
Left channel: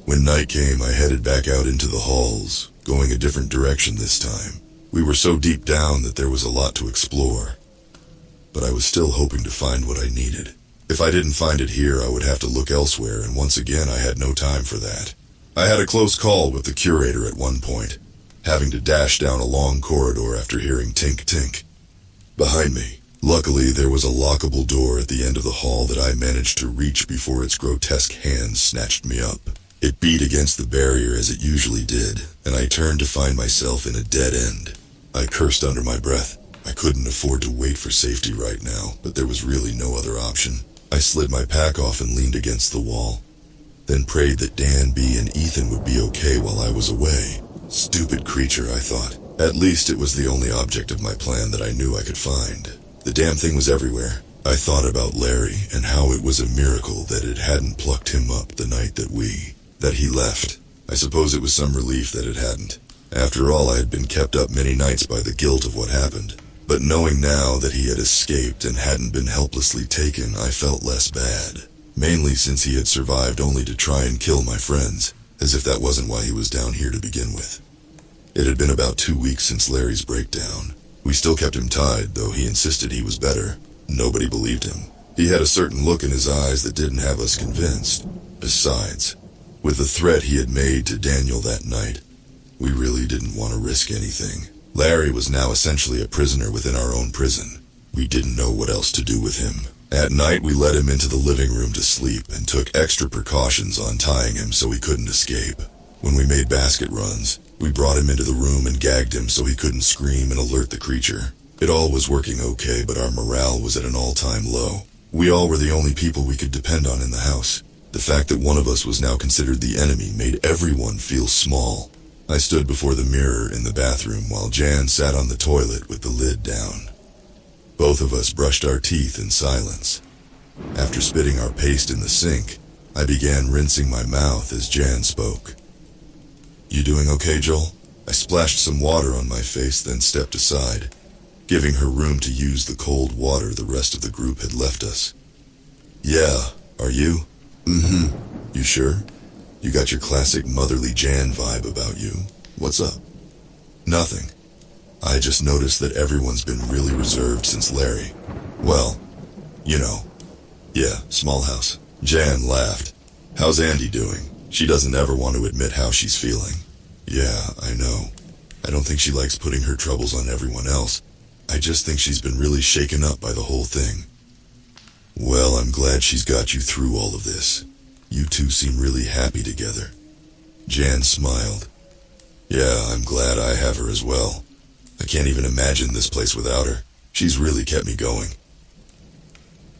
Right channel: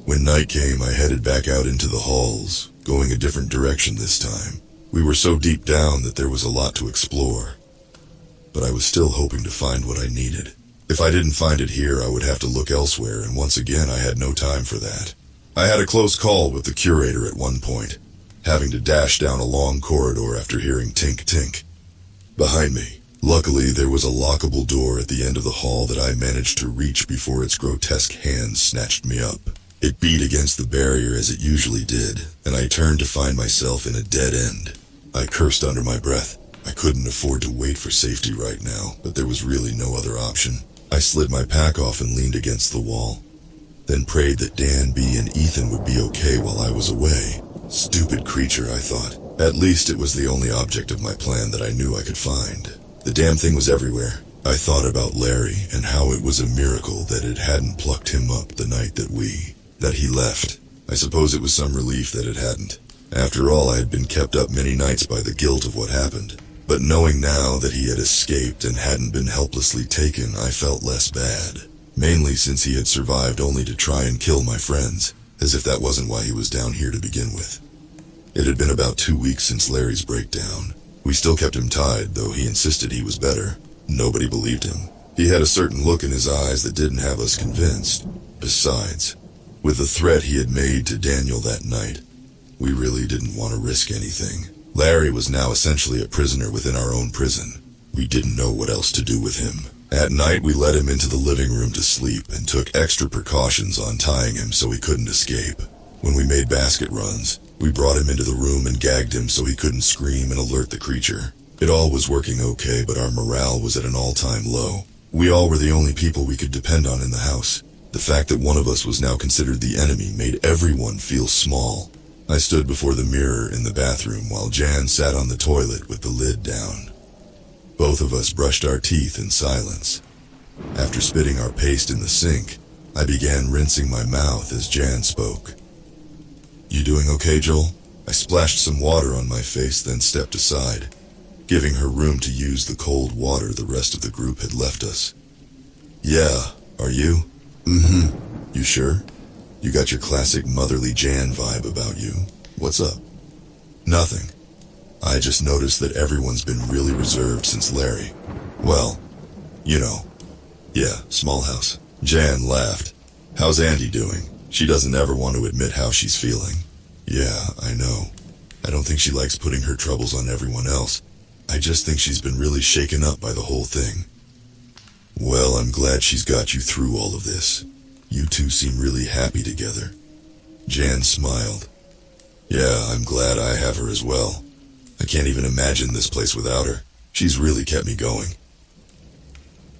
When night came, I headed back out into the halls, going a different direction this time. We were so deep down that there was a lot to explore, but I was still hoping to find what I needed. If I didn't find it here, I would have to look elsewhere, and once again I had no time for that. I had a close call with the curator at one point, having to dash down a long corridor after hearing tink-tink behind me. Luckily, there was a lockable door at the end of the hall that I managed to reach before its grotesque hands snatched me up. It beat against the barrier as it usually did, and I turned to find myself in a dead end. I cursed under my breath. I couldn't afford to wait for safety right now, but there was really no other option. I slid my pack off and leaned against the wall, then prayed that Dan B and Ethan would be okay while I was away. Stupid creature, I thought. At least it was the only object of my plan that I knew I could find. The damn thing was everywhere. I thought about Larry and how it was a miracle that it hadn't plucked him up the night that he left. I suppose it was some relief that it hadn't. After all, I had been kept up many nights by the guilt of what happened. But knowing now that he had escaped and hadn't been helplessly taken, I felt less bad. Mainly since he had survived only to try and kill my friends, as if that wasn't why he was down here to begin with. It had been about 2 weeks since Larry's breakdown. We still kept him tied, though he insisted he was better. Nobody believed him. He had a certain look in his eyes that didn't have us convinced. Besides, with the threat he had made to Daniel that night, we really didn't want to risk anything. Larry was now essentially a prisoner within our own prison. We didn't know what else to do with him. At night, we led him into the living room to sleep and took extra precautions on tying him so he couldn't escape. When we made basket runs, we brought him into the room and gagged him so he couldn't scream and alert the creature. It all was working okay, but our morale was at an all-time low. We all were the only people we could depend on in the house. The fact that one of us was now considered the enemy made everyone feel small. I stood before the mirror in the bathroom while Jan sat on the toilet with the lid down. Both of us brushed our teeth in silence. After spitting our paste in the sink, I began rinsing my mouth as Jan spoke. "You doing okay, Joel?" I splashed some water on my face, then stepped aside, giving her room to use the cold water the rest of the group had left us. "Yeah, are you?" "Mm-hmm. You sure? You got your classic motherly Jan vibe about you. What's up?" "Nothing. I just noticed that everyone's been really reserved since Larry. Well, you know. Yeah, small house." Jan laughed. "How's Auntie doing? She doesn't ever want to admit how she's feeling." "Yeah, I know. I don't think she likes putting her troubles on everyone else. I just think she's been really shaken up by the whole thing." "Well, I'm glad she's got you through all of this. You two seem really happy together." Jan smiled. "Yeah, I'm glad I have her as well. I can't even imagine this place without her. She's really kept me going."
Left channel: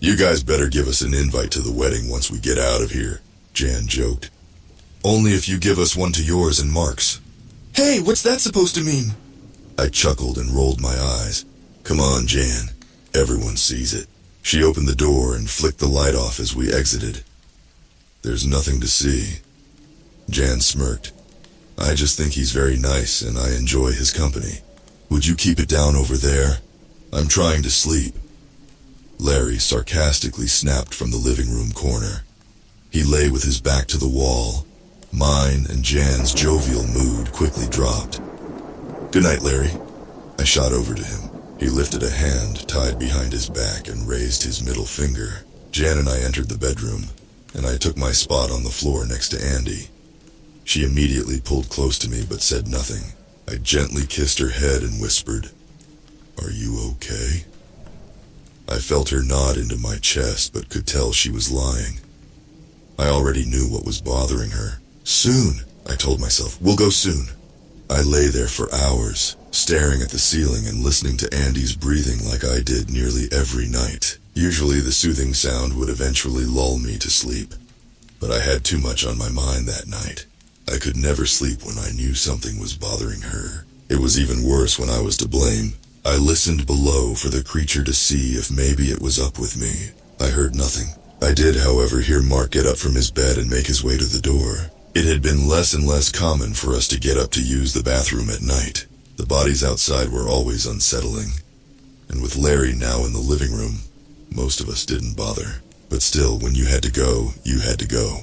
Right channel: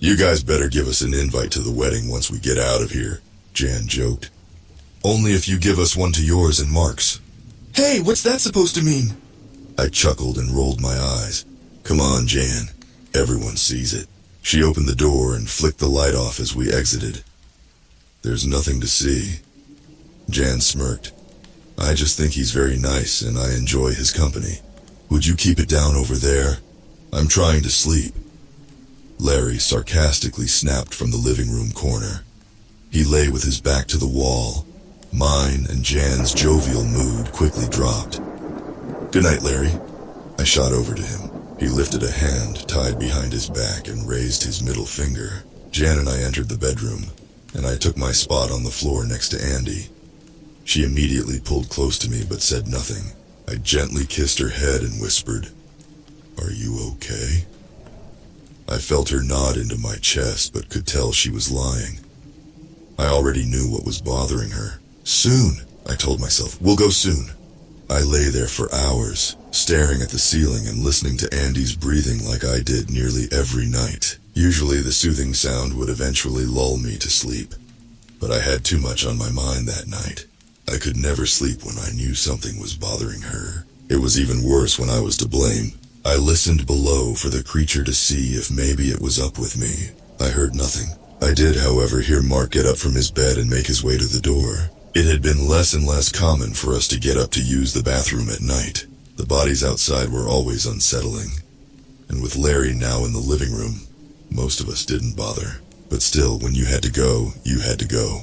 "You guys better give us an invite to the wedding once we get out of here," Jan joked. "Only if you give us one to yours and Mark's." "Hey, what's that supposed to mean?" I chuckled and rolled my eyes. "Come on, Jan. Everyone sees it." She opened the door and flicked the light off as we exited. "There's nothing to see." Jan smirked. "I just think he's very nice and I enjoy his company. Would you keep it down over there? I'm trying to sleep." Larry sarcastically snapped from the living room corner. He lay with his back to the wall. Mine and Jan's jovial mood quickly dropped. "Good night, Larry." I shot over to him. He lifted a hand tied behind his back and raised his middle finger. Jan and I entered the bedroom, and I took my spot on the floor next to Andy. She immediately pulled close to me but said nothing. I gently kissed her head and whispered, "Are you okay?" I felt her nod into my chest, but could tell she was lying. I already knew what was bothering her. Soon, I told myself, we'll go soon. I lay there for hours, staring at the ceiling and listening to Andy's breathing like I did nearly every night. Usually the soothing sound would eventually lull me to sleep, but I had too much on my mind that night. I could never sleep when I knew something was bothering her. It was even worse when I was to blame. I listened below for the creature to see if maybe it was up with me. I heard nothing. I did, however, hear Mark get up from his bed and make his way to the door. It had been less and less common for us to get up to use the bathroom at night. The bodies outside were always unsettling, and with Larry now in the living room, most of us didn't bother. But still, when you had to go, you had to go.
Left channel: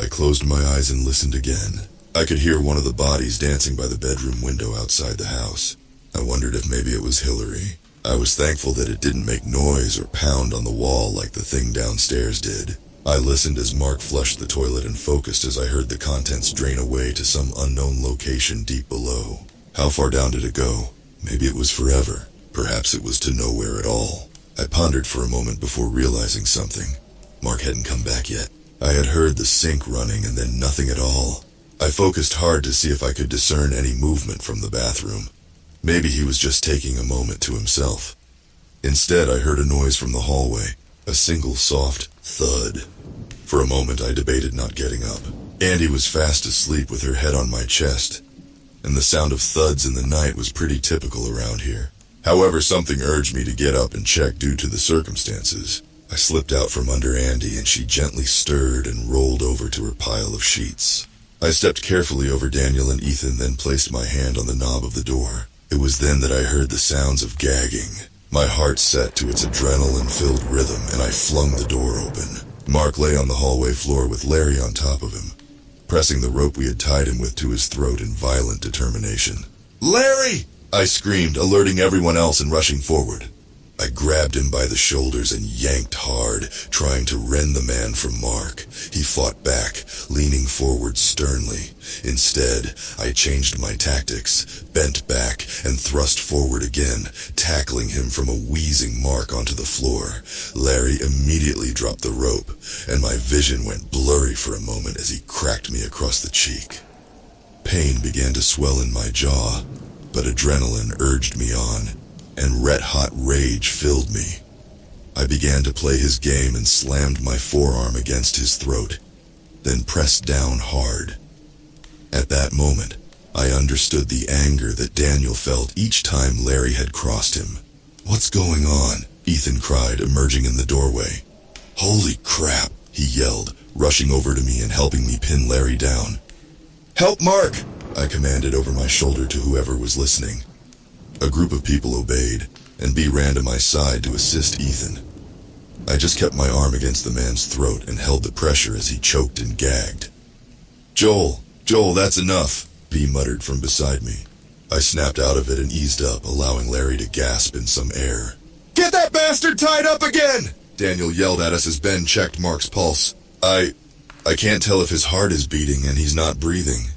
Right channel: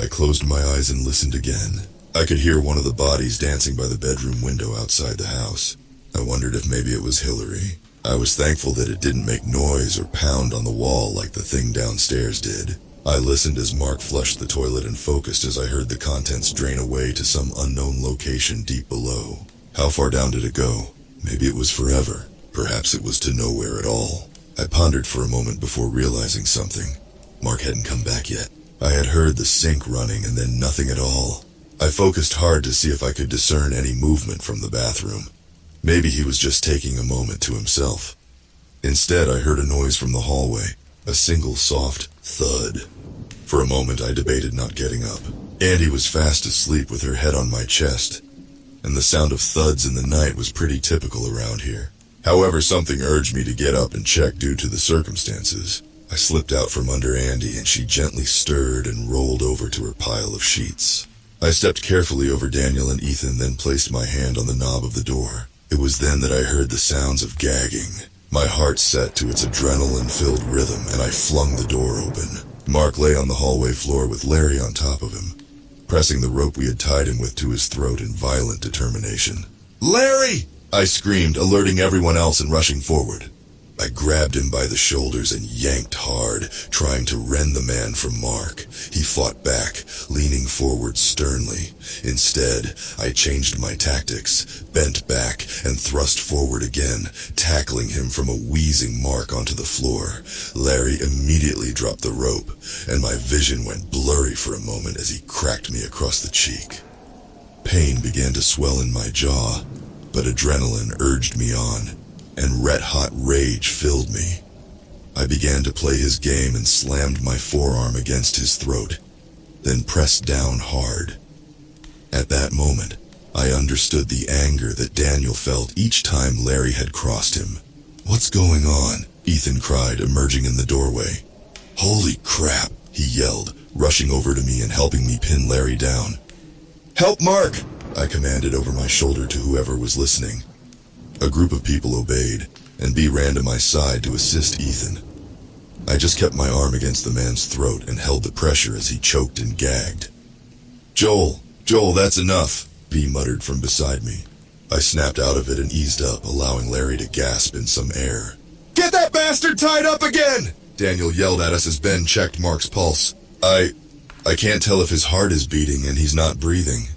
I closed my eyes and listened again. I could hear one of the bodies dancing by the bedroom window outside the house. I wondered if maybe it was Hillary. I was thankful that it didn't make noise or pound on the wall like the thing downstairs did. I listened as Mark flushed the toilet and focused as I heard the contents drain away to some unknown location deep below. How far down did it go? Maybe it was forever. Perhaps it was to nowhere at all. I pondered for a moment before realizing something. Mark hadn't come back yet. I had heard the sink running and then nothing at all. I focused hard to see if I could discern any movement from the bathroom. Maybe he was just taking a moment to himself. Instead, I heard a noise from the hallway, a single soft thud. For a moment, I debated not getting up. Andy was fast asleep with her head on my chest, and the sound of thuds in the night was pretty typical around here. However, something urged me to get up and check due to the circumstances. I slipped out from under Andy, and she gently stirred and rolled over to her pile of sheets. I stepped carefully over Daniel and Ethan, then placed my hand on the knob of the door. It was then that I heard the sounds of gagging. My heart set to its adrenaline-filled rhythm, and I flung the door open. Mark lay on the hallway floor with Larry on top of him, pressing the rope we had tied him with to his throat in violent determination. "Larry!" I screamed, alerting everyone else and rushing forward. I grabbed him by the shoulders and yanked hard, trying to rend the man from Mark. He fought back, leaning forward sternly. Instead, I changed my tactics, bent back, and thrust forward again, tackling him from a wheezing Mark onto the floor. Larry immediately dropped the rope, and my vision went blurry for a moment as he cracked me across the cheek. Pain began to swell in my jaw, but adrenaline urged me on, and red-hot rage filled me. I began to play his game and slammed my forearm against his throat, then pressed down hard. At that moment, I understood the anger that Daniel felt each time Larry had crossed him. "What's going on?" Ethan cried, emerging in the doorway. "Holy crap," he yelled, rushing over to me and helping me pin Larry down. "Help Mark!" I commanded over my shoulder to whoever was listening. A group of people obeyed, and B ran to my side to assist Ethan. I just kept my arm against the man's throat and held the pressure as he choked and gagged. Joel, that's enough," B muttered from beside me. I snapped out of it and eased up, allowing Larry to gasp in some air. "Get that bastard tied up again!" Daniel yelled at us as Ben checked Mark's pulse. I can't tell if his heart is beating and he's not breathing."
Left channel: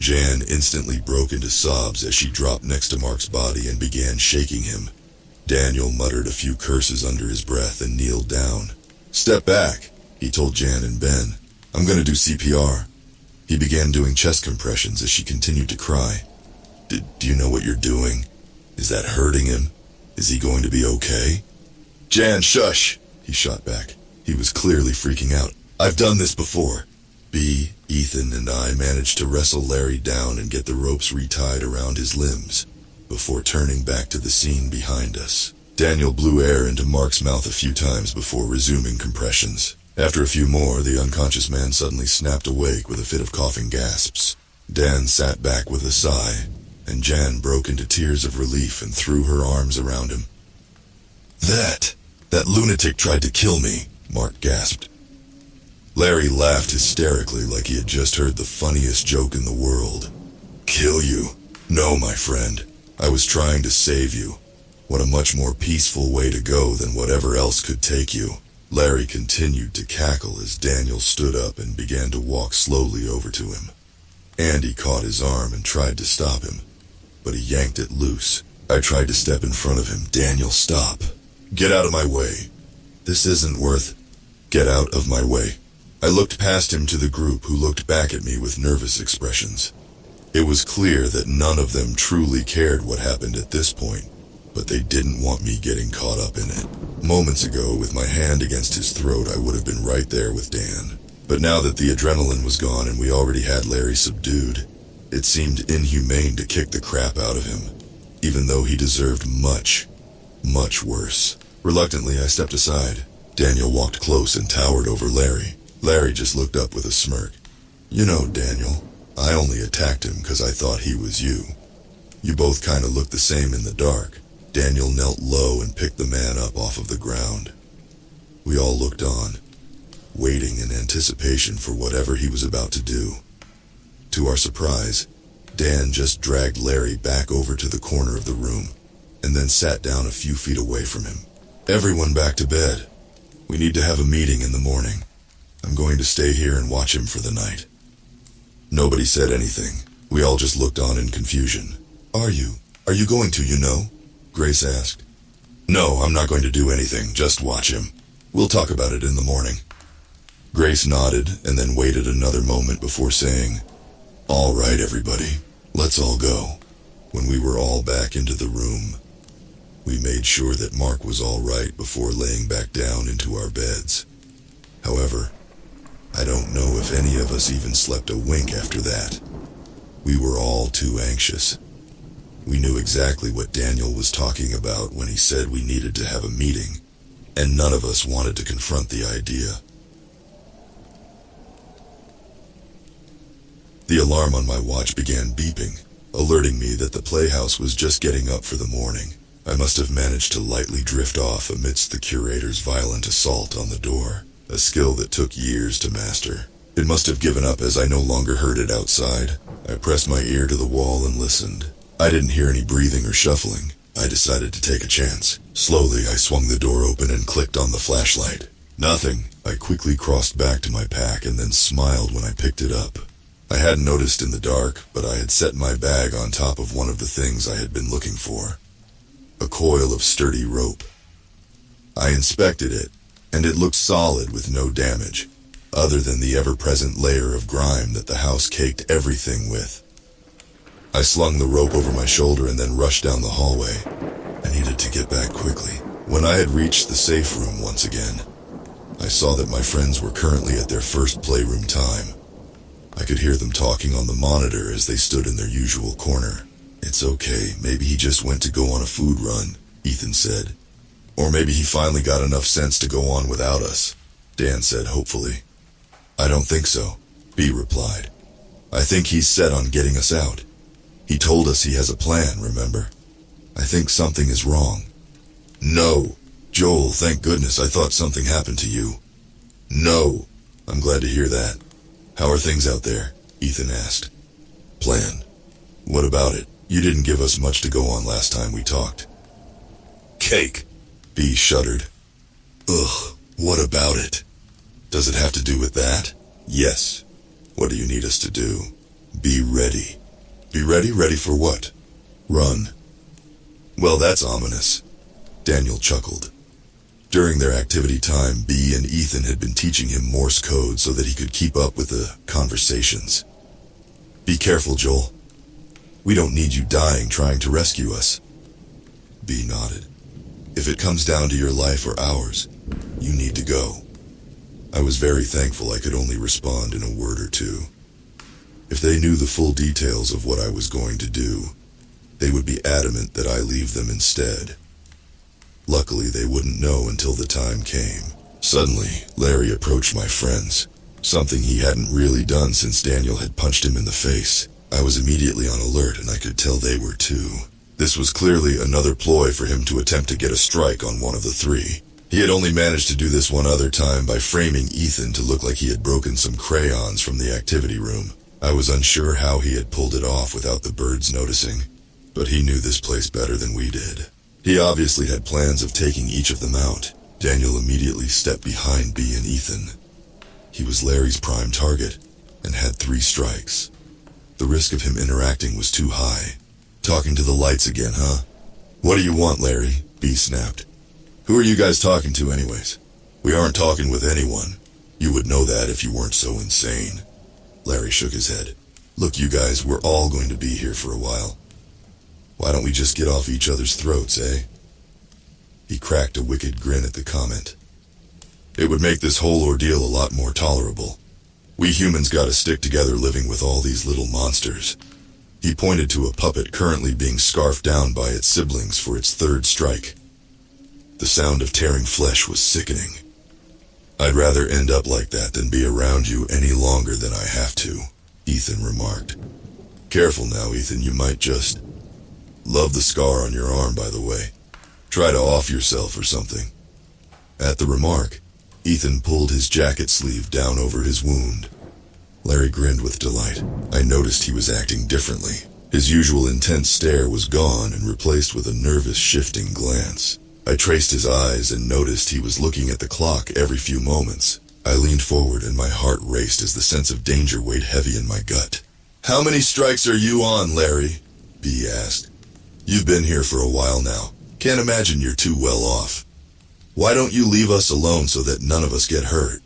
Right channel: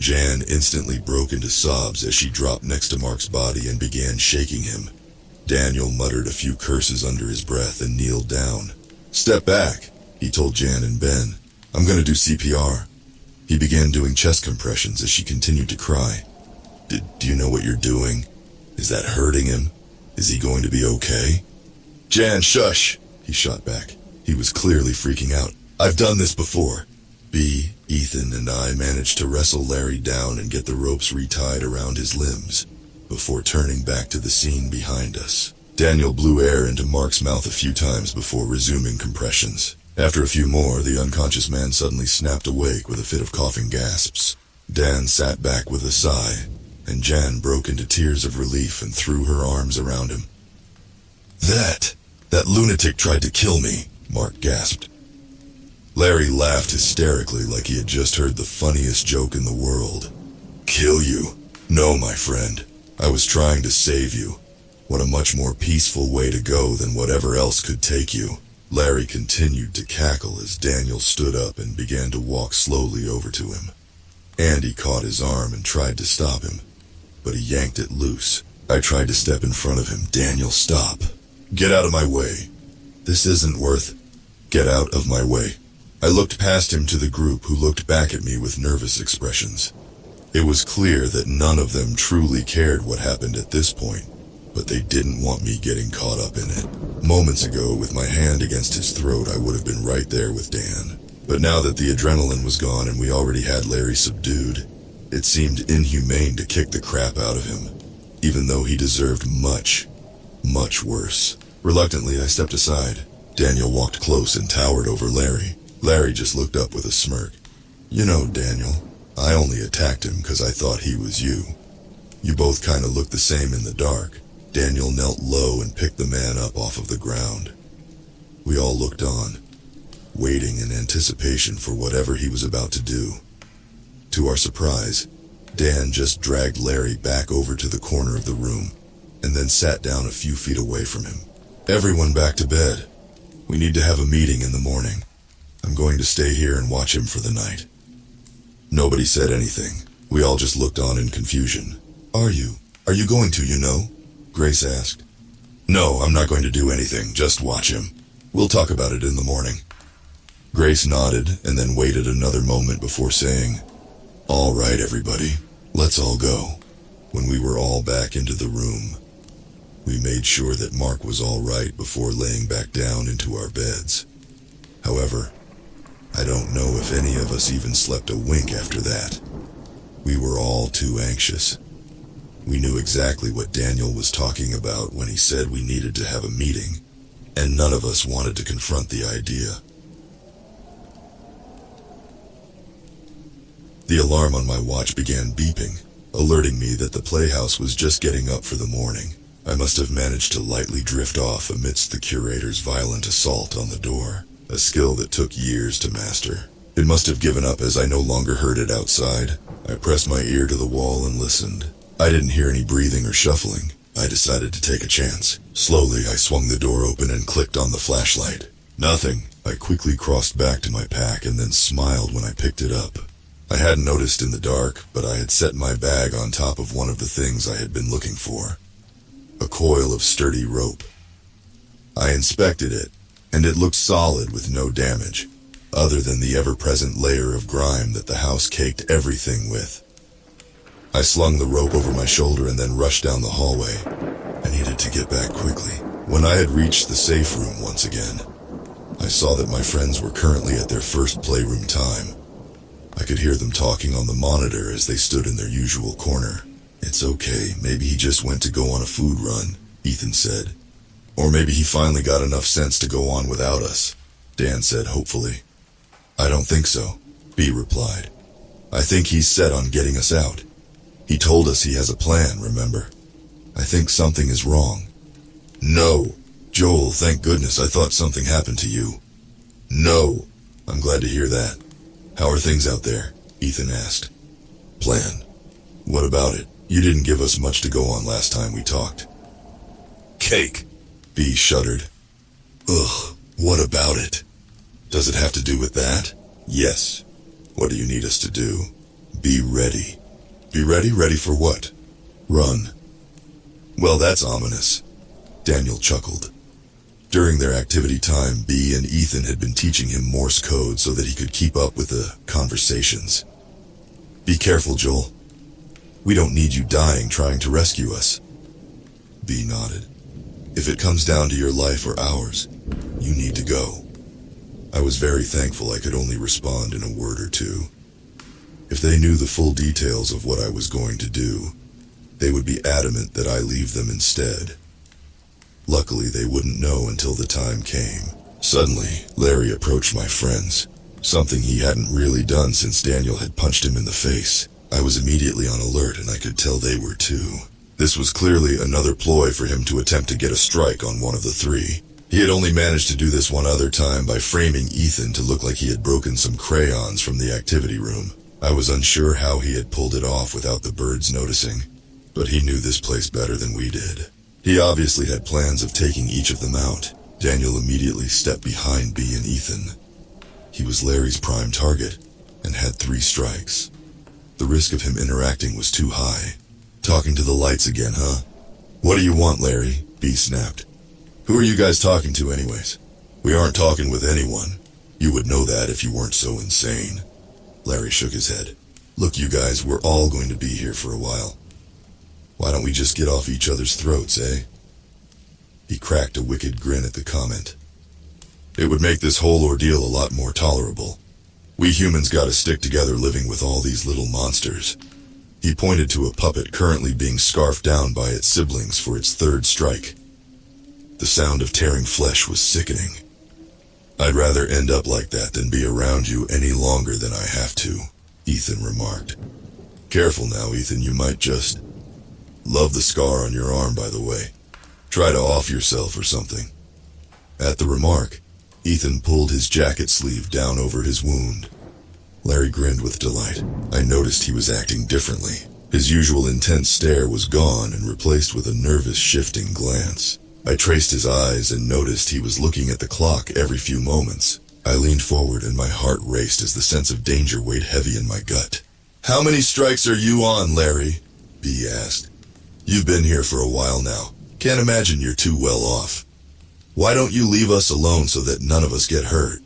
Jan instantly broke into sobs as she dropped next to Mark's body and began shaking him. Daniel muttered a few curses under his breath and kneeled down. "Step back," he told Jan and Ben. "I'm going to do CPR." He began doing chest compressions as she continued to cry. Do you know what you're doing? Is that hurting him? Is he going to be okay?" "Jan, shush," he shot back. He was clearly freaking out. "I've done this before." B, Ethan, and I managed to wrestle Larry down and get the ropes retied around his limbs before turning back to the scene behind us. Daniel blew air into Mark's mouth a few times before resuming compressions. After a few more, the unconscious man suddenly snapped awake with a fit of coughing gasps. Dan sat back with a sigh, and Jan broke into tears of relief and threw her arms around him. That lunatic tried to kill me," Mark gasped. Larry laughed hysterically like he had just heard the funniest joke in the world. "Kill you? No, my friend. I was trying to save you. What a much more peaceful way to go than whatever else could take you." Larry continued to cackle as Daniel stood up and began to walk slowly over to him. Andy caught his arm and tried to stop him, but he yanked it loose. I tried to step in front of him. "Daniel, stop." Get out of my way. This isn't worth... Get out of my way. I looked past him to the group, who looked back at me with nervous expressions. It was clear that none of them truly cared what happened at this point, but they didn't want me getting caught up in it. Moments ago, with my hand against his throat, I would have been right there with Dan. But now that the adrenaline was gone and we already had Larry subdued, it seemed inhumane to kick the crap out of him, even though he deserved much, much worse. Reluctantly, I stepped aside. Daniel walked close and towered over Larry. Larry just looked up with a smirk. You know, Daniel, I only attacked him because I thought he was you. You both kind of looked the same in the dark. Daniel knelt low and picked the man up off of the ground. We all looked on, waiting in anticipation for whatever he was about to do. To our surprise, Dan just dragged Larry back over to the corner of the room, and then sat down a few feet away from him. Everyone back to bed. We need to have a meeting in the morning. I'm going to stay here and watch him for the night. Nobody said anything. We all just looked on in confusion. Are you going to, you know? Grace asked. No, I'm not going to do anything, just watch him. We'll talk about it in the morning. Grace nodded and then waited another moment before saying, all right, everybody, let's all go. When we were all back into the room, we made sure that Mark was all right before laying back down into our beds. However, I don't know if any of us even slept a wink after that. We were all too anxious. We knew exactly what Daniel was talking about when he said we needed to have a meeting, and none of us wanted to confront the idea. The alarm on my watch began beeping, alerting me that the playhouse was just getting up for the morning. I must have managed to lightly drift off amidst the curator's violent assault on the door, a skill that took years to master. It must have given up as I no longer heard it outside. I pressed my ear to the wall and listened. I didn't hear any breathing or shuffling. I decided to take a chance. Slowly, I swung the door open and clicked on the flashlight. Nothing. I quickly crossed back to my pack and then smiled when I picked it up. I hadn't noticed in the dark, but I had set my bag on top of one of the things I had been looking for. A coil of sturdy rope. I inspected it, and it looked solid with no damage, other than the ever-present layer of grime that the house caked everything with. I slung the rope over my shoulder and then rushed down the hallway. I needed to get back quickly. When I had reached the safe room once again, I saw that my friends were currently at their first playroom time. I could hear them talking on the monitor as they stood in their usual corner. It's okay, maybe he just went to go on a food run, Ethan said. Or maybe he finally got enough sense to go on without us, Dan said hopefully. I don't think so, B replied. I think he's set on getting us out. He told us he has a plan, remember? I think something is wrong. No. Joel, thank goodness, I thought something happened to you. No. I'm glad to hear that. How are things out there? Ethan asked. Plan. What about it? You didn't give us much to go on last time we talked. Cake. B shuddered. Ugh, what about it? Does it have to do with that? Yes. What do you need us to do? Be ready. Be ready? Ready for what? Run. Well, that's ominous. Daniel chuckled. During their activity time, B and Ethan had been teaching him Morse code so that he could keep up with the conversations. Be careful, Joel. We don't need you dying trying to rescue us. B nodded. If it comes down to your life or ours, you need to go. I was very thankful I could only respond in a word or two. If they knew the full details of what I was going to do, they would be adamant that I leave them instead. Luckily, they wouldn't know until the time came. Suddenly, Larry approached my friends, something he hadn't really done since Daniel had punched him in the face. I was immediately on alert and I could tell they were too. This was clearly another ploy for him to attempt to get a strike on one of the three. He had only managed to do this one other time by framing Ethan to look like he had broken some crayons from the activity room. I was unsure how he had pulled it off without the birds noticing, but he knew this place better than we did. He obviously had plans of taking each of them out. Daniel immediately stepped behind B and Ethan. He was Larry's prime target and had 3 strikes. The risk of him interacting was too high. Talking to the lights again, huh? What do you want, Larry? B snapped. Who are you guys talking to anyways? We aren't talking with anyone. You would know that if you weren't so insane. Larry shook his head. Look, you guys, we're all going to be here for a while. Why don't we just get off each other's throats, eh? He cracked a wicked grin at the comment. It would make this whole ordeal a lot more tolerable. We humans gotta stick together living with all these little monsters. He pointed to a puppet currently being scarfed down by its siblings for its third strike. The sound of tearing flesh was sickening. I'd rather end up like that than be around you any longer than I have to, Ethan remarked. Careful now, Ethan, you might just... Love the scar on your arm, by the way. Try to off yourself or something. At the remark, Ethan pulled his jacket sleeve down over his wound. Larry grinned with delight. I noticed he was acting differently. His usual intense stare was gone and replaced with a nervous, shifting glance. I traced his eyes and noticed he was looking at the clock every few moments. I leaned forward and my heart raced as the sense of danger weighed heavy in my gut. How many strikes are you on, Larry? B asked. You've been here for a while now. Can't imagine you're too well off. Why don't you leave us alone so that none of us get hurt?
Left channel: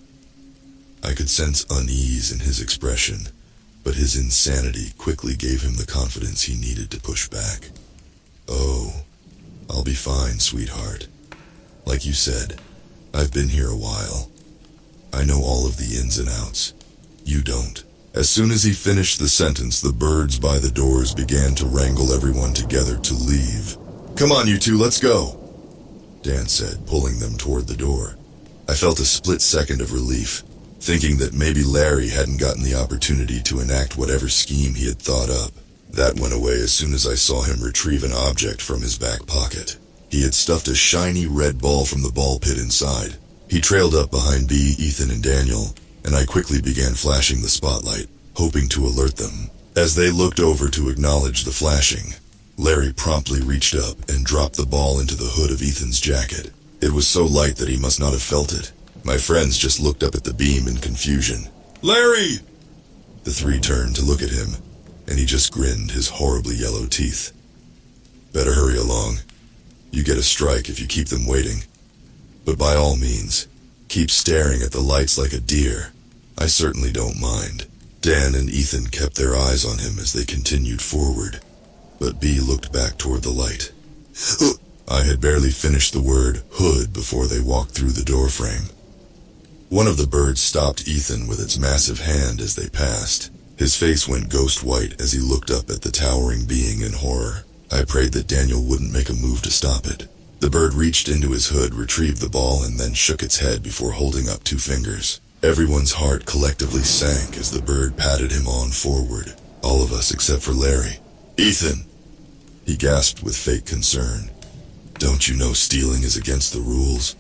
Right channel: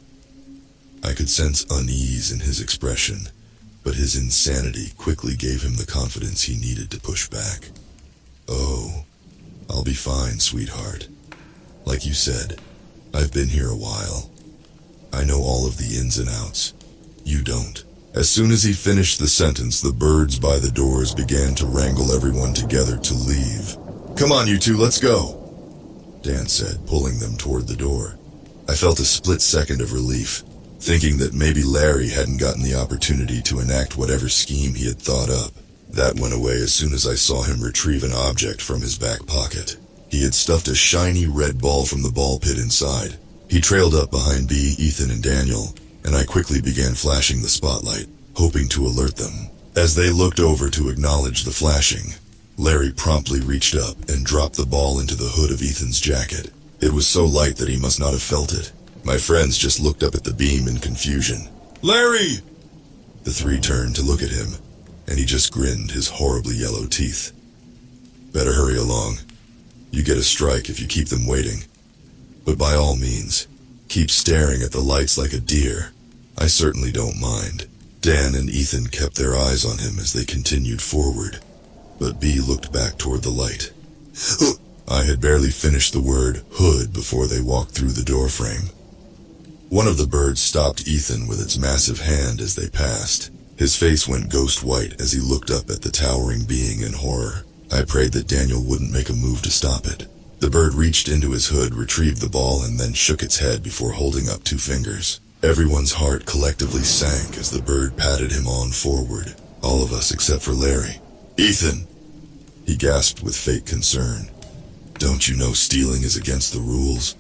I could sense unease in his expression, but his insanity quickly gave him the confidence he needed to push back. Oh, I'll be fine, sweetheart. Like you said, I've been here a while. I know all of the ins and outs. You don't. As soon as he finished the sentence, the birds by the doors began to wrangle everyone together to leave. Come on, you two, let's go, Dan said, pulling them toward the door. I felt a split second of relief, thinking that maybe Larry hadn't gotten the opportunity to enact whatever scheme he had thought up. That went away as soon as I saw him retrieve an object from his back pocket. He had stuffed a shiny red ball from the ball pit inside. He trailed up behind B, Ethan, and Daniel, and I quickly began flashing the spotlight, hoping to alert them. As they looked over to acknowledge the flashing, Larry promptly reached up and dropped the ball into the hood of Ethan's jacket. It was so light that he must not have felt it. My friends just looked up at the beam in confusion. Larry! The three turned to look at him, and he just grinned his horribly yellow teeth. Better hurry along. You get a strike if you keep them waiting. But by all means, keep staring at the lights like a deer. I certainly don't mind. Dan and Ethan kept their eyes on him as they continued forward, but B looked back toward the light. I had barely finished the word hood before they walked through the doorframe. One of the birds stopped Ethan with its massive hand as they passed. His face went ghost white as he looked up at the towering being in horror. I prayed that Daniel wouldn't make a move to stop it. The bird reached into his hood, retrieved the ball, and then shook its head before holding up two fingers. Everyone's heart collectively sank as the bird patted him on forward. All of us except for Larry. Ethan! He gasped with fake concern. Don't you know stealing is against the rules?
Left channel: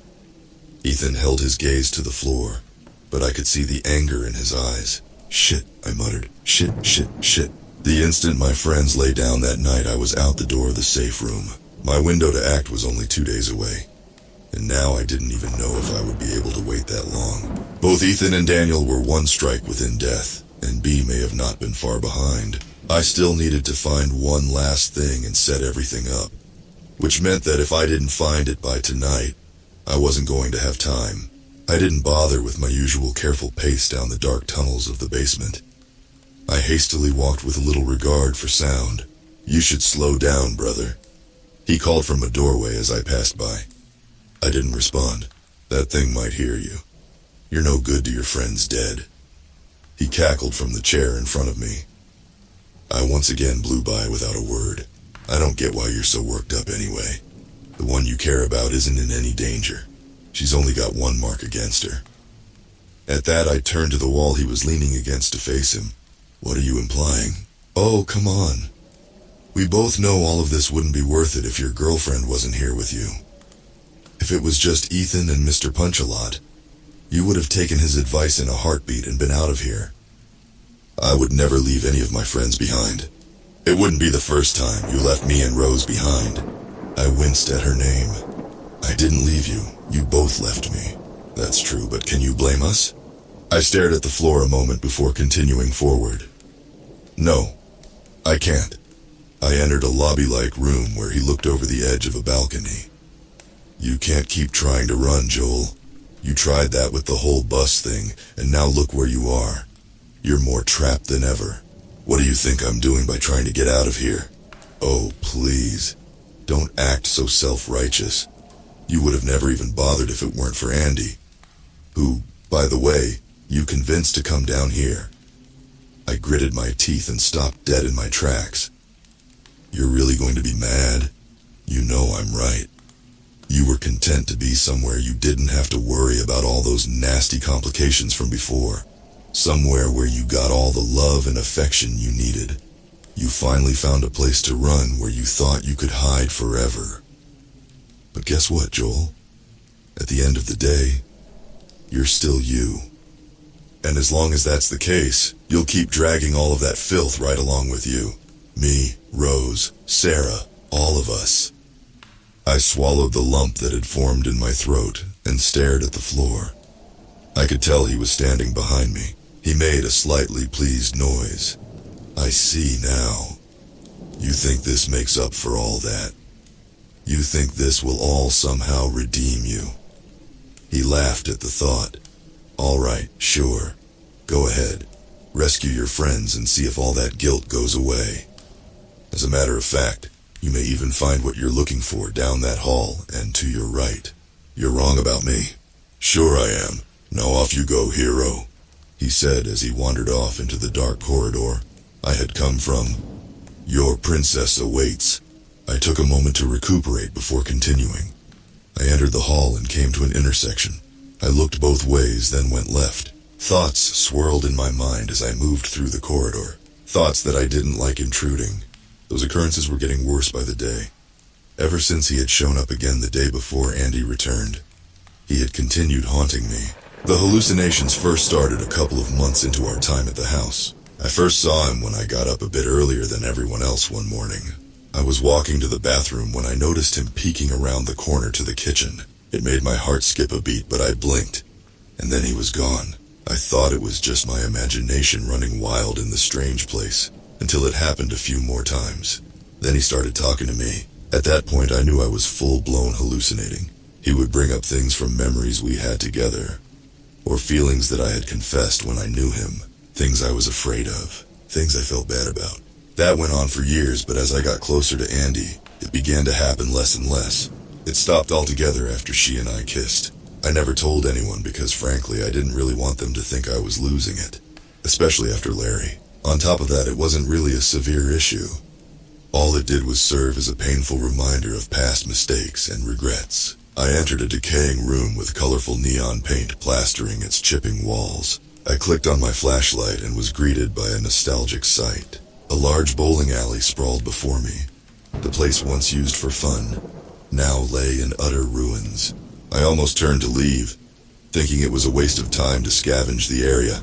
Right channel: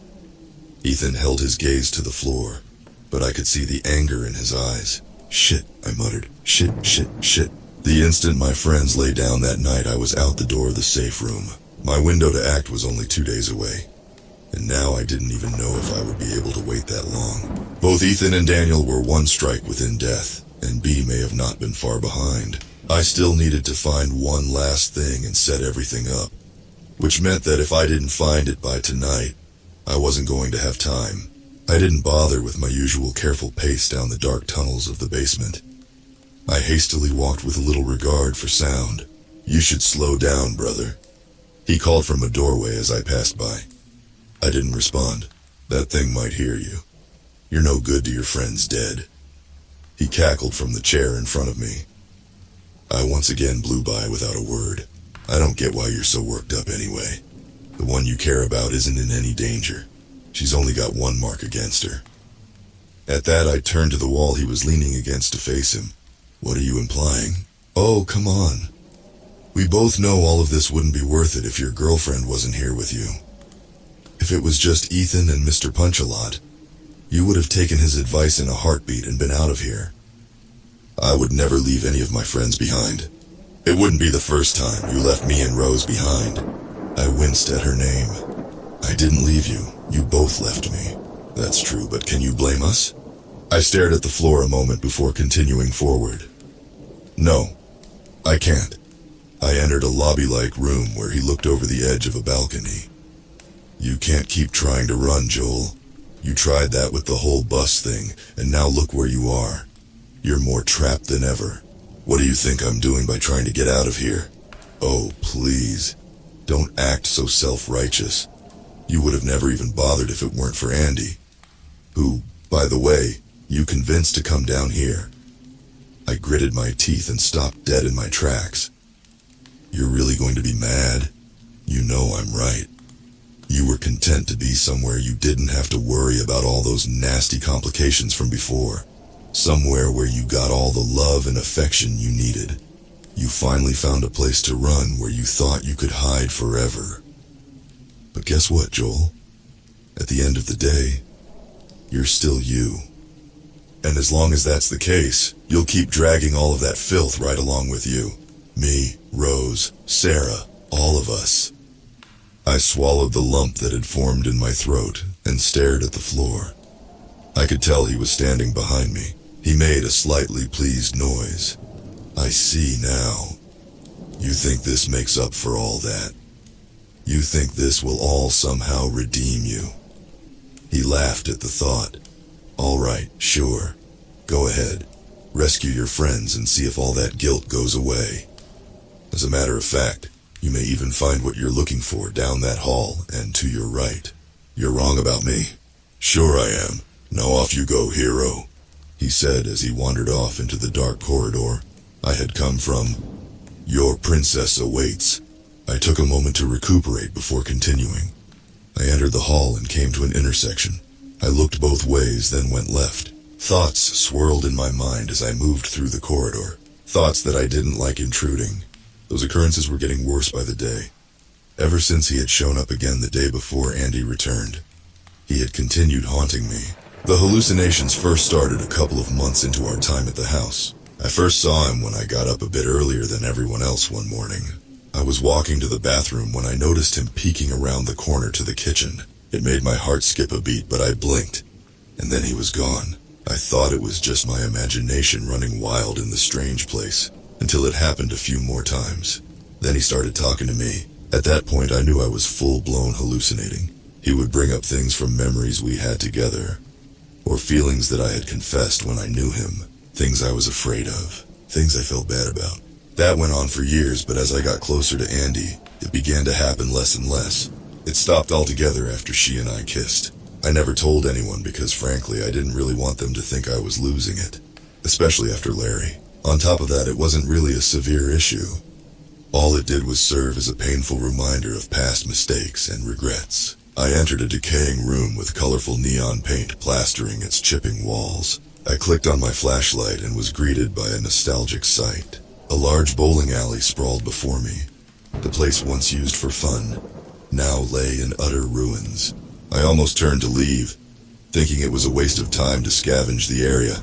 Ethan held his gaze to the floor, but I could see the anger in his eyes. Shit, I muttered. Shit, shit, shit. The instant my friends lay down that night, I was out the door of the safe room. My window to act was only 2 days away, and now I didn't even know if I would be able to wait that long. Both Ethan and Daniel were one strike within death, and B may have not been far behind. I still needed to find one last thing and set everything up, which meant that if I didn't find it by tonight, I wasn't going to have time. I didn't bother with my usual careful pace down the dark tunnels of the basement. I hastily walked with little regard for sound. You should slow down, brother, he called from a doorway as I passed by. I didn't respond. That thing might hear you. You're no good to your friends dead. He cackled from the chair in front of me. I once again blew by without a word. I don't get why you're so worked up anyway. The one you care about isn't in any danger. She's only got one mark against her. At that, I turned to the wall he was leaning against to face him. What are you implying? Oh, come on. We both know all of this wouldn't be worth it if your girlfriend wasn't here with you. If it was just Ethan and Mr. Punch-a-Lot, you would have taken his advice in a heartbeat and been out of here. I would never leave any of my friends behind. It wouldn't be the first time you left me and Rose behind. I winced at her name. I didn't leave you. You both left me. That's true, but can you blame us? I stared at the floor a moment before continuing forward. No, I can't. I entered a lobby-like room where he looked over the edge of a balcony. You can't keep trying to run, Joel. You tried that with the whole bus thing, and now look where you are. You're more trapped than ever. What do you think I'm doing by trying to get out of here? Oh, please. Don't act so self-righteous. You would have never even bothered if it weren't for Andy. Who, by the way, you convinced to come down here. I gritted my teeth and stopped dead in my tracks. You're really going to be mad? You know I'm right. You were content to be somewhere you didn't have to worry about all those nasty complications from before. Somewhere where you got all the love and affection you needed. You finally found a place to run where you thought you could hide forever. But guess what, Joel? At the end of the day, you're still you. And as long as that's the case, you'll keep dragging all of that filth right along with you. Me, Rose, Sarah, all of us. I swallowed the lump that had formed in my throat and stared at the floor. I could tell he was standing behind me. He made a slightly pleased noise. I see now. You think this makes up for all that? You think this will all somehow redeem you? He laughed at the thought. All right, sure. Go ahead. Rescue your friends and see if all that guilt goes away. As a matter of fact, you may even find what you're looking for down that hall and to your right. You're wrong about me. Sure I am. Now off you go, hero, he said as he wandered off into the dark corridor I had come from. Your princess awaits. I took a moment to recuperate before continuing. I entered the hall and came to an intersection. I looked both ways, then went left. Thoughts swirled in my mind as I moved through the corridor. Thoughts that I didn't like intruding. Those occurrences were getting worse by the day. Ever since he had shown up again the day before Andy returned, he had continued haunting me. The hallucinations first started a couple of months into our time at the house. I first saw him when I got up a bit earlier than everyone else one morning. I was walking to the bathroom when I noticed him peeking around the corner to the kitchen. It made my heart skip a beat, but I blinked, and then he was gone. I thought it was just my imagination running wild in the strange place, until it happened a few more times. Then he started talking to me. At that point, I knew I was full-blown hallucinating. He would bring up things from memories we had together, or feelings that I had confessed when I knew him, things I was afraid of, things I felt bad about. That went on for years, but as I got closer to Andy, it began to happen less and less. It stopped altogether after she and I kissed. I never told anyone because, frankly, I didn't really want them to think I was losing it, especially after Larry. On top of that, it wasn't really a severe issue. All it did was serve as a painful reminder of past mistakes and regrets. I entered a decaying room with colorful neon paint plastering its chipping walls. I clicked on my flashlight and was greeted by a nostalgic sight. A large bowling alley sprawled before me. The place once used for fun now lay in utter ruins. I almost turned to leave, thinking it was a waste of time to scavenge the area,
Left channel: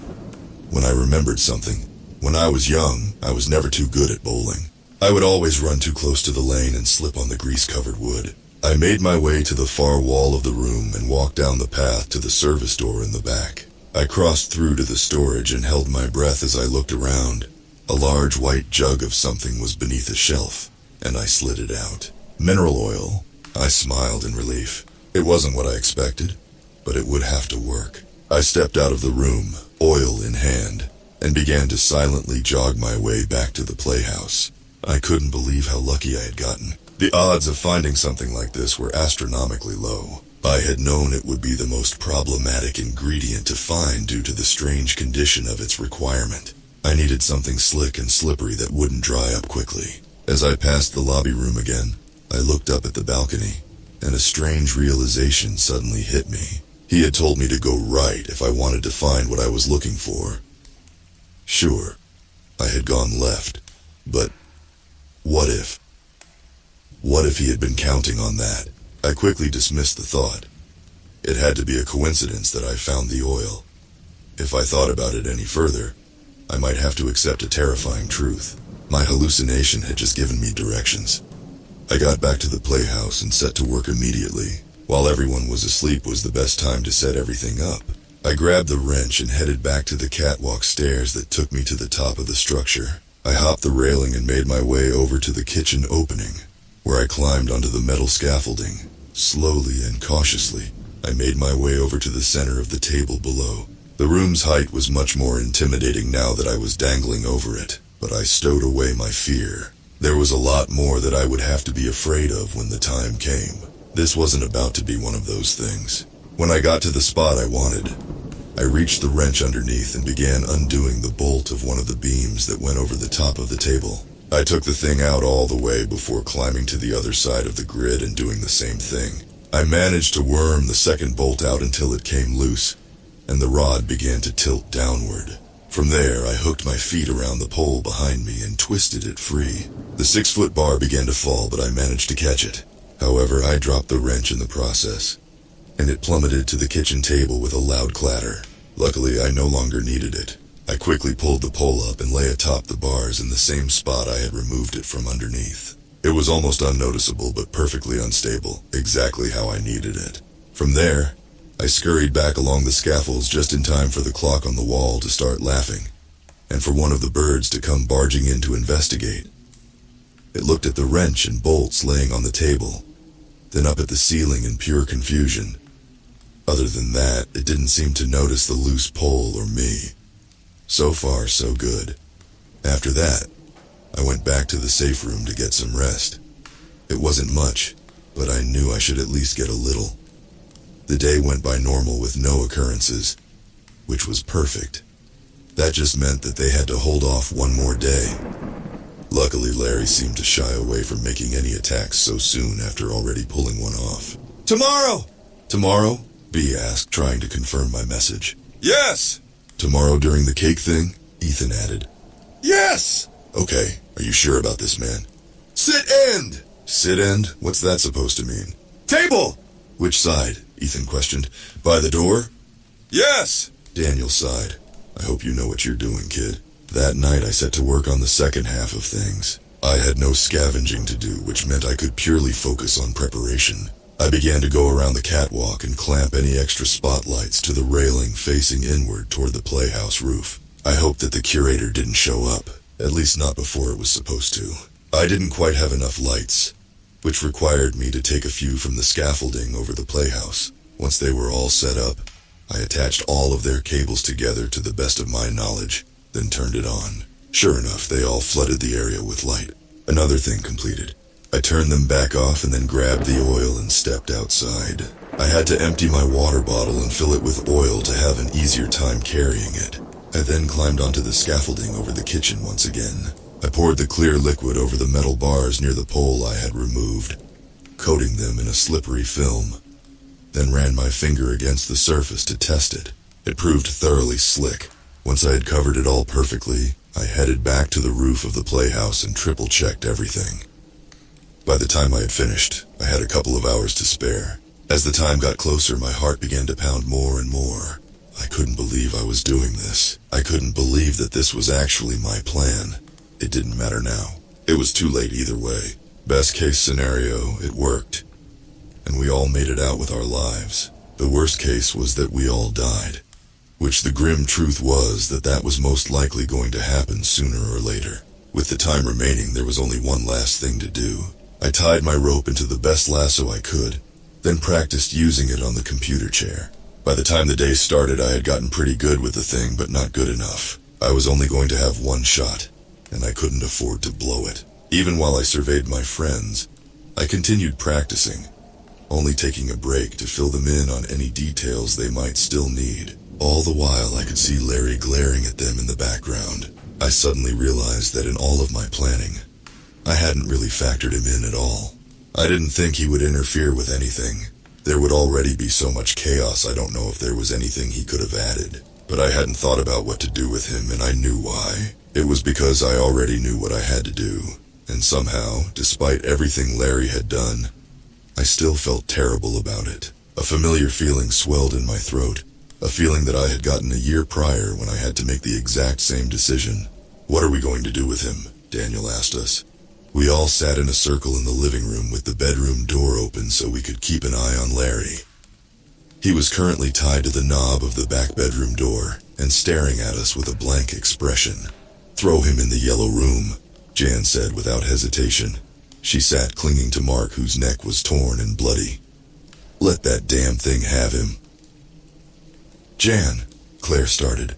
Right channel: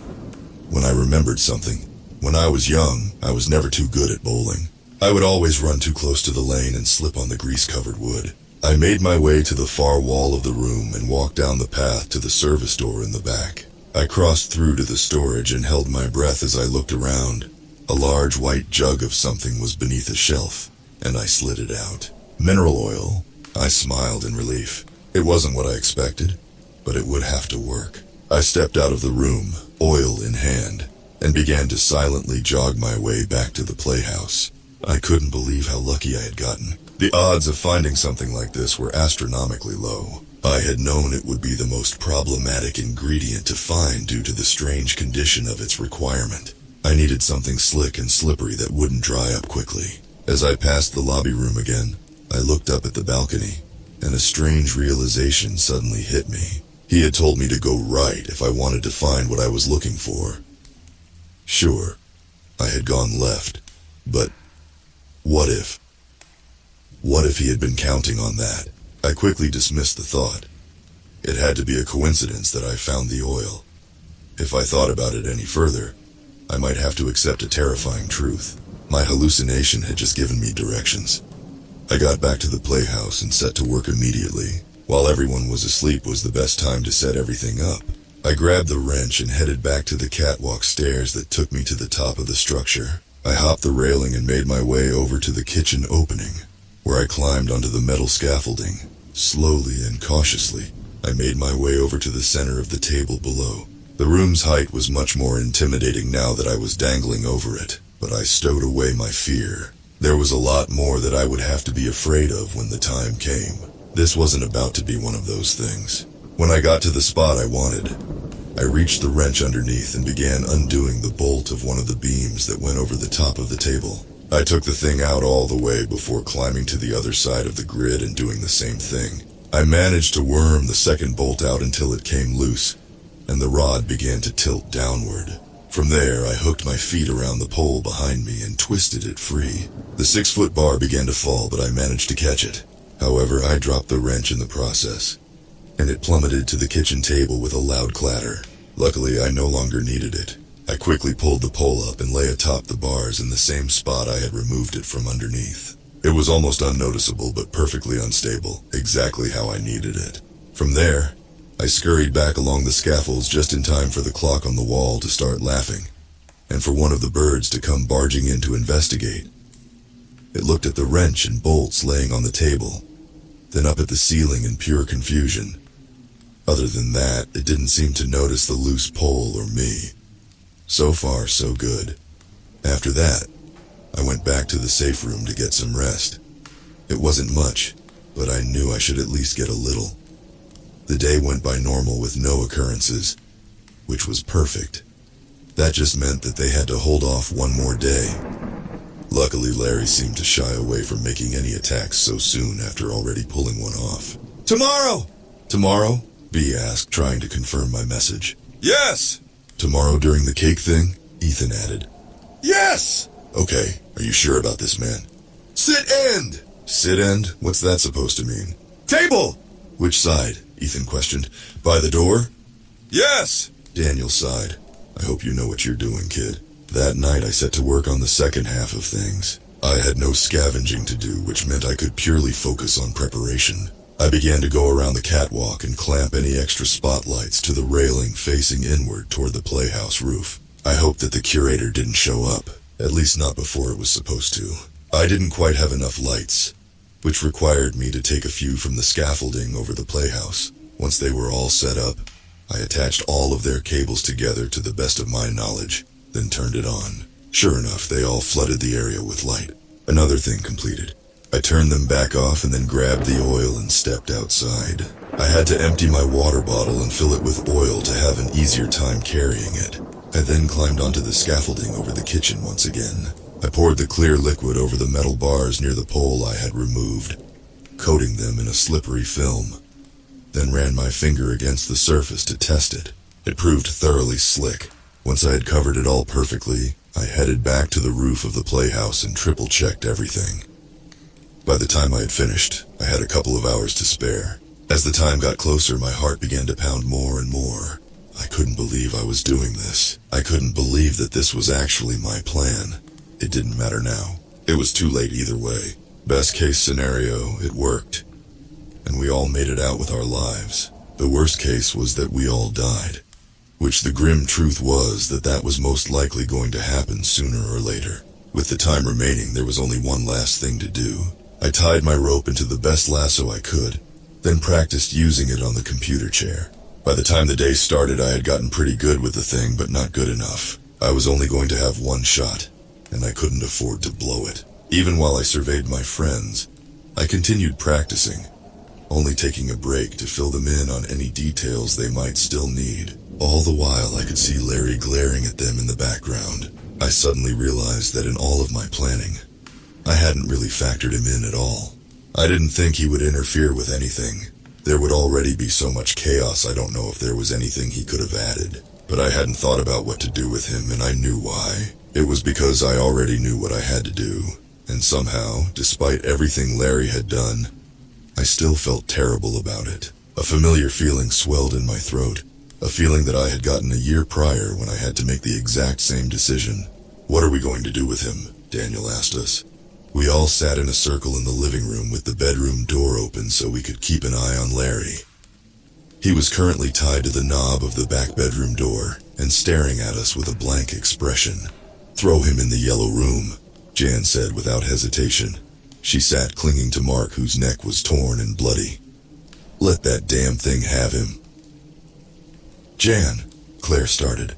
when I remembered something. When I was young, I was never too good at bowling. I would always run too close to the lane and slip on the grease-covered wood. I made my way to the far wall of the room and walked down the path to the service door in the back. I crossed through to the storage and held my breath as I looked around. A large white jug of something was beneath a shelf, and I slid it out. Mineral oil. I smiled in relief. It wasn't what I expected, but it would have to work. I stepped out of the room, oil in hand, and began to silently jog my way back to the playhouse. I couldn't believe how lucky I had gotten. The odds of finding something like this were astronomically low. I had known it would be the most problematic ingredient to find due to the strange condition of its requirement. I needed something slick and slippery that wouldn't dry up quickly. As I passed the lobby room again, I looked up at the balcony, and a strange realization suddenly hit me. He had told me to go right if I wanted to find what I was looking for. Sure, I had gone left, but what if? What if he had been counting on that? I quickly dismissed the thought. It had to be a coincidence that I found the oil. If I thought about it any further, I might have to accept a terrifying truth. My hallucination had just given me directions. I got back to the playhouse and set to work immediately. While everyone was asleep was the best time to set everything up. I grabbed the wrench and headed back to the catwalk stairs that took me to the top of the structure. I hopped the railing and made my way over to the kitchen opening, where I climbed onto the metal scaffolding, Slowly and cautiously, I made my way over to the center of the table below. The room's height was much more intimidating now that I was dangling over it, but I stowed away my fear. There was a lot more that I would have to be afraid of when the time came. This wasn't about to be one of those things. When I got to the spot I wanted, I reached the wrench underneath and began undoing the bolt of one of the beams that went over the top of the table. I took the thing out all the way before climbing to the other side of the grid and doing the same thing. I managed to worm the second bolt out until it came loose, and the rod began to tilt downward. From there, I hooked my feet around the pole behind me and twisted it free. The 6-foot bar began to fall, but I managed to catch it. However, I dropped the wrench in the process, and it plummeted to the kitchen table with a loud clatter. Luckily, I no longer needed it. I quickly pulled the pole up and lay atop the bars in the same spot I had removed it from underneath. It was almost unnoticeable, but perfectly unstable, exactly how I needed it. From there, I scurried back along the scaffolds just in time for the clock on the wall to start laughing, and for one of the birds to come barging in to investigate. It looked at the wrench and bolts laying on the table, then up at the ceiling in pure confusion. Other than that, it didn't seem to notice the loose pole or me. So far, so good. After that, I went back to the safe room to get some rest. It wasn't much, but I knew I should at least get a little. The day went by normal with no occurrences, which was perfect. That just meant that they had to hold off one more day. Luckily, Larry seemed to shy away from making any attacks so soon after already pulling one off. Tomorrow! Tomorrow? B asked, trying to confirm my message. Yes! Tomorrow during the cake thing? Ethan added. Yes! Okay, are you sure about this, man? Sit end! Sit end? What's that supposed to mean? Table! Which side? Ethan questioned. By the door? Yes! Daniel sighed. I hope you know what you're doing, kid. That night I set to work on the second half of things. I had no scavenging to do, which meant I could purely focus on preparation. I began to go around the catwalk and clamp any extra spotlights to the railing facing inward toward the playhouse roof. I hoped that the curator didn't show up, at least not before it was supposed to. I didn't quite have enough lights, which required me to take a few from the scaffolding over the playhouse. Once they were all set up, I attached all of their cables together to the best of my knowledge, then turned it on. Sure enough, they all flooded the area with light. Another thing completed. I turned them back off and then grabbed the oil and stepped outside. I had to empty my water bottle and fill it with oil to have an easier time carrying it. I then climbed onto the scaffolding over the kitchen once again. I poured the clear liquid over the metal bars near the pole I had removed, coating them in a slippery film, then ran my finger against the surface to test it. It proved thoroughly slick. Once I had covered it all perfectly, I headed back to the roof of the playhouse and triple-checked everything. By the time I had finished, I had a couple of hours to spare. As the time got closer, my heart began to pound more and more. I couldn't believe I was doing this. I couldn't believe that this was actually my plan. It didn't matter now. It was too late either way. Best case scenario, it worked, and we all made it out with our lives. The worst case was that we all died, which the grim truth was that that was most likely going to happen sooner or later. With the time remaining, there was only one last thing to do. I tied my rope into the best lasso I could, then practiced using it on the computer chair. By the time the day started, I had gotten pretty good with the thing, but not good enough. I was only going to have one shot, and I couldn't afford to blow it. Even while I surveyed my friends, I continued practicing, only taking a break to fill them in on any details they might still need. All the while, I could see Larry glaring at them in the background. I suddenly realized that in all of my planning, I hadn't really factored him in at all. I didn't think he would interfere with anything. There would already be so much chaos, I don't know if there was anything he could have added. But I hadn't thought about what to do with him, and I knew why. It was because I already knew what I had to do. And somehow, despite everything Larry had done, I still felt terrible about it. A familiar feeling swelled in my throat. A feeling that I had gotten a year prior when I had to make the exact same decision. What are we going to do with him? Daniel asked us. We all sat in a circle in the living room with the bedroom door open so we could keep an eye on Larry. He was currently tied to the knob of the back bedroom door and staring at us with a blank expression. Throw him in the yellow room, Jan said without hesitation. She sat clinging to Mark, whose neck was torn and bloody. Let that damn thing have him. Jan, Claire started.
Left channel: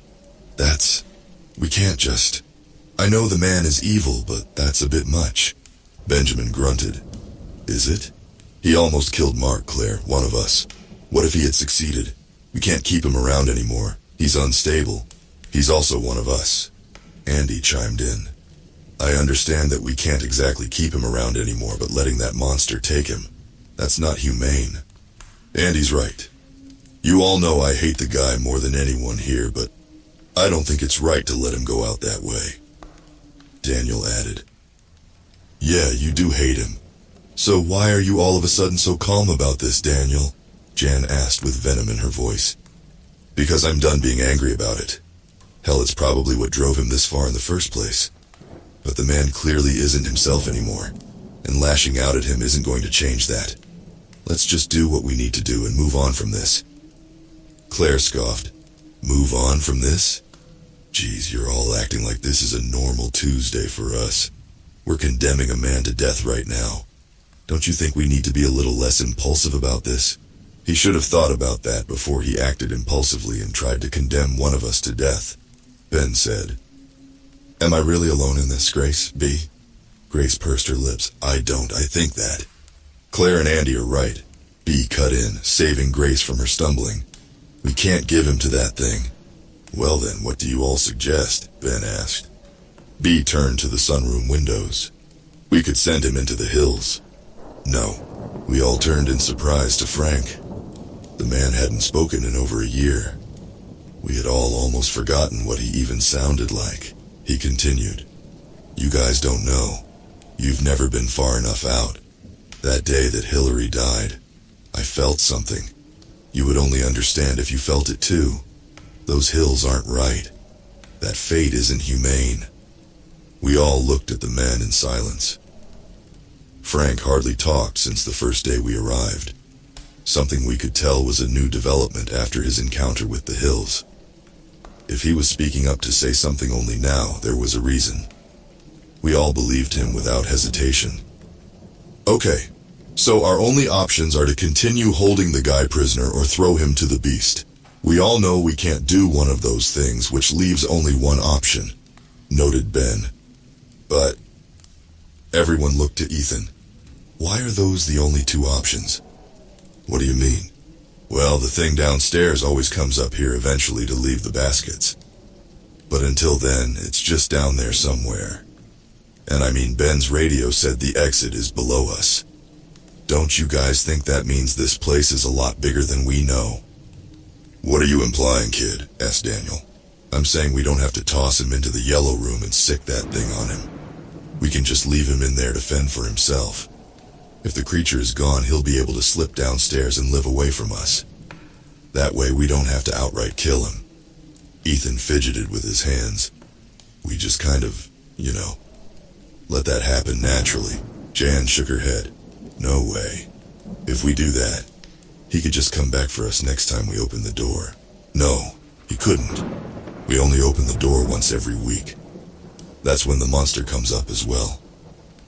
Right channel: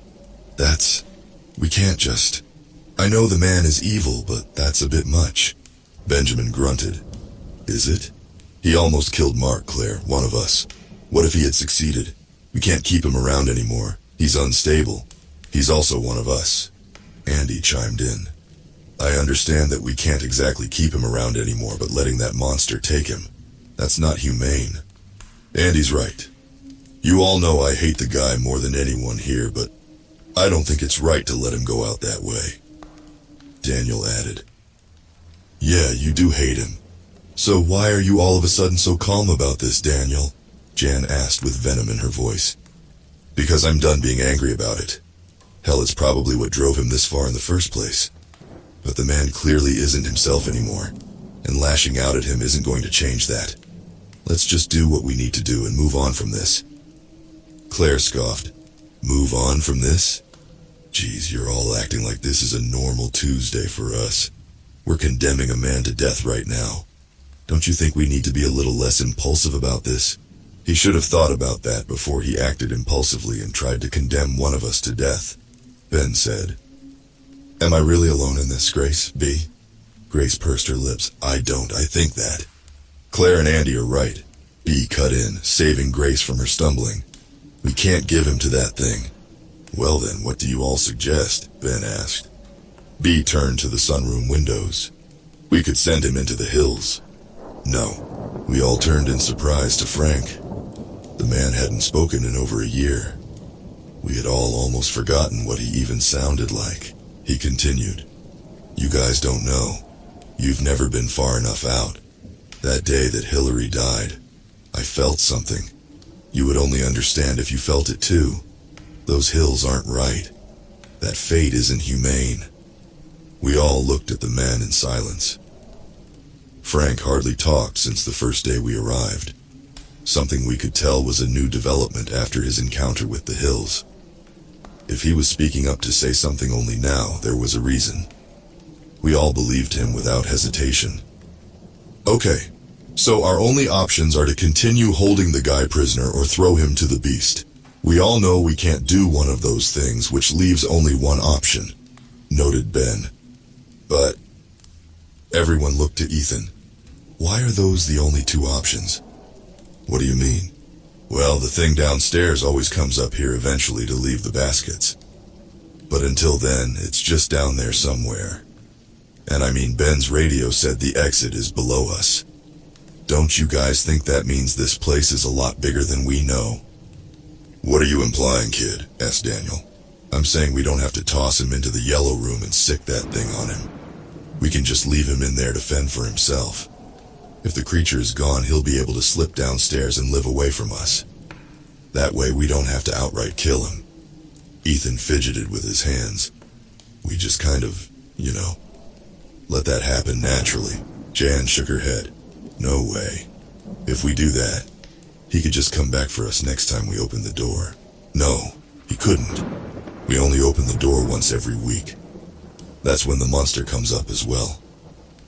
We can't just... I know the man is evil, but that's a bit much. Benjamin grunted. Is it? He almost killed Mark, Claire, one of us. What if he had succeeded? We can't keep him around anymore. He's unstable. He's also one of us. Andy chimed in. I understand that we can't exactly keep him around anymore, but letting that monster take him, that's not humane. Andy's right. You all know I hate the guy more than anyone here, but I don't think it's right to let him go out that way. Daniel added. Yeah, you do hate him. So why are you all of a sudden so calm about this, Daniel? Jan asked with venom in her voice. Because I'm done being angry about it. Hell, it's probably what drove him this far in the first place. But the man clearly isn't himself anymore, and lashing out at him isn't going to change that. Let's just do what we need to do and move on from this. Claire scoffed. Move on from this? Geez, you're all acting like this is a normal Tuesday for us. We're condemning a man to death right now. Don't you think we need to be a little less impulsive about this? He should have thought about that before he acted impulsively and tried to condemn one of us to death, Ben said. Am I really alone in this, Grace, B? Grace pursed her lips. I think that. Claire and Andy are right. B cut in, saving Grace from her stumbling. We can't give him to that thing. Well then, what do you all suggest? Ben asked. B turned to the sunroom windows. We could send him into the hills. No. We all turned in surprise to Frank. The man hadn't spoken in over a year. We had all almost forgotten what he even sounded like. He continued. You guys don't know. You've never been far enough out. That day that Hillary died, I felt something. You would only understand if you felt it too. Those hills aren't right. That fate isn't humane. We all looked at the man in silence. Frank hardly talked since the first day we arrived. Something we could tell was a new development after his encounter with the hills. If he was speaking up to say something only now, there was a reason. We all believed him without hesitation. Okay, so our only options are to continue holding the guy prisoner or throw him to the beast. We all know we can't do one of those things, which leaves only one option, noted Ben. But everyone looked to Ethan. Why are those the only two options? What do you mean? Well, the thing downstairs always comes up here eventually to leave the baskets. But until then, it's just down there somewhere. And I mean, Ben's radio said the exit is below us. Don't you guys think that means this place is a lot bigger than we know? What are you implying, kid? Asked Daniel. I'm saying we don't have to toss him into the yellow room and sick that thing on him. We can just leave him in there to fend for himself. If the creature is gone, he'll be able to slip downstairs and live away from us. That way we don't have to outright kill him. Ethan fidgeted with his hands. We just kind of, let that happen naturally. Jan shook her head. No way. If we do that, he could just come back for us next time we open the door. No, he couldn't. We only open the door once every week. That's when the monster comes up as well.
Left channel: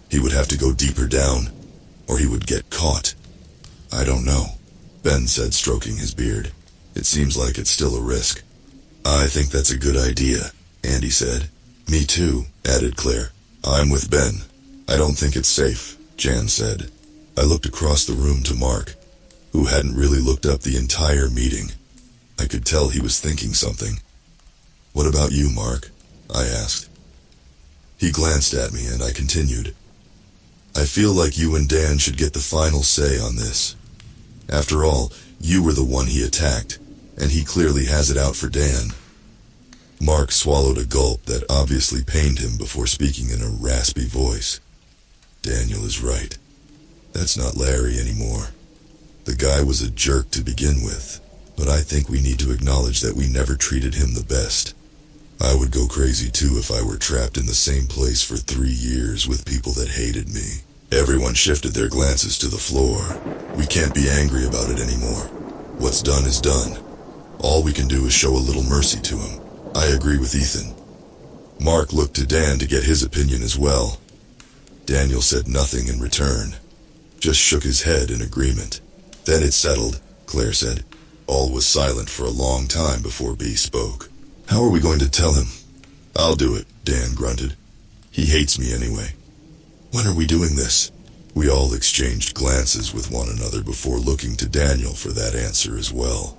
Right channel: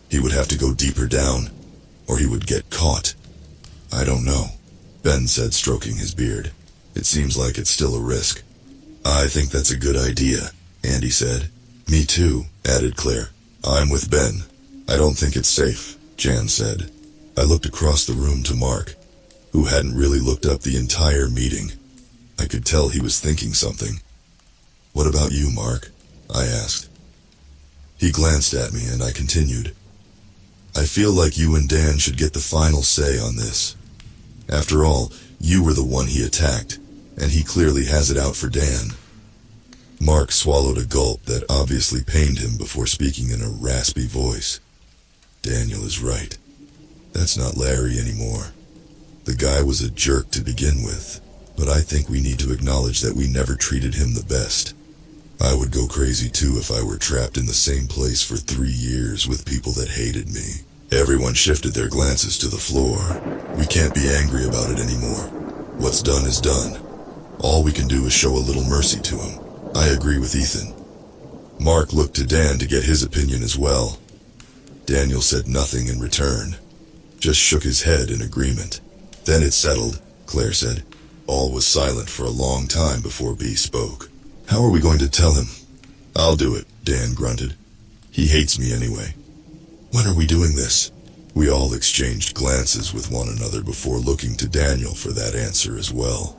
He would have to go deeper down, or he would get caught. I don't know, Ben said, stroking his beard. It seems like it's still a risk. I think that's a good idea, Andy said. Me too, added Claire. I'm with Ben. I don't think it's safe, Jan said. I looked across the room to Mark, who hadn't really looked up the entire meeting. I could tell he was thinking something. What about you, Mark? I asked. He glanced at me and I continued. I feel like you and Dan should get the final say on this. After all, you were the one he attacked, and he clearly has it out for Dan. Mark swallowed a gulp that obviously pained him before speaking in a raspy voice. Daniel is right. That's not Larry anymore. The guy was a jerk to begin with, but I think we need to acknowledge that we never treated him the best. I would go crazy too if I were trapped in the same place for 3 years with people that hated me. Everyone shifted their glances to the floor. We can't be angry about it anymore. What's done is done. All we can do is show a little mercy to him. I agree with Ethan. Mark looked to Dan to get his opinion as well. Daniel said nothing in return, just shook his head in agreement. Then it settled, Claire said. All was silent for a long time before B spoke. How are we going to tell him? I'll do it, Dan grunted. He hates me anyway. When are we doing this? We all exchanged glances with one another before looking to Daniel for that answer as well.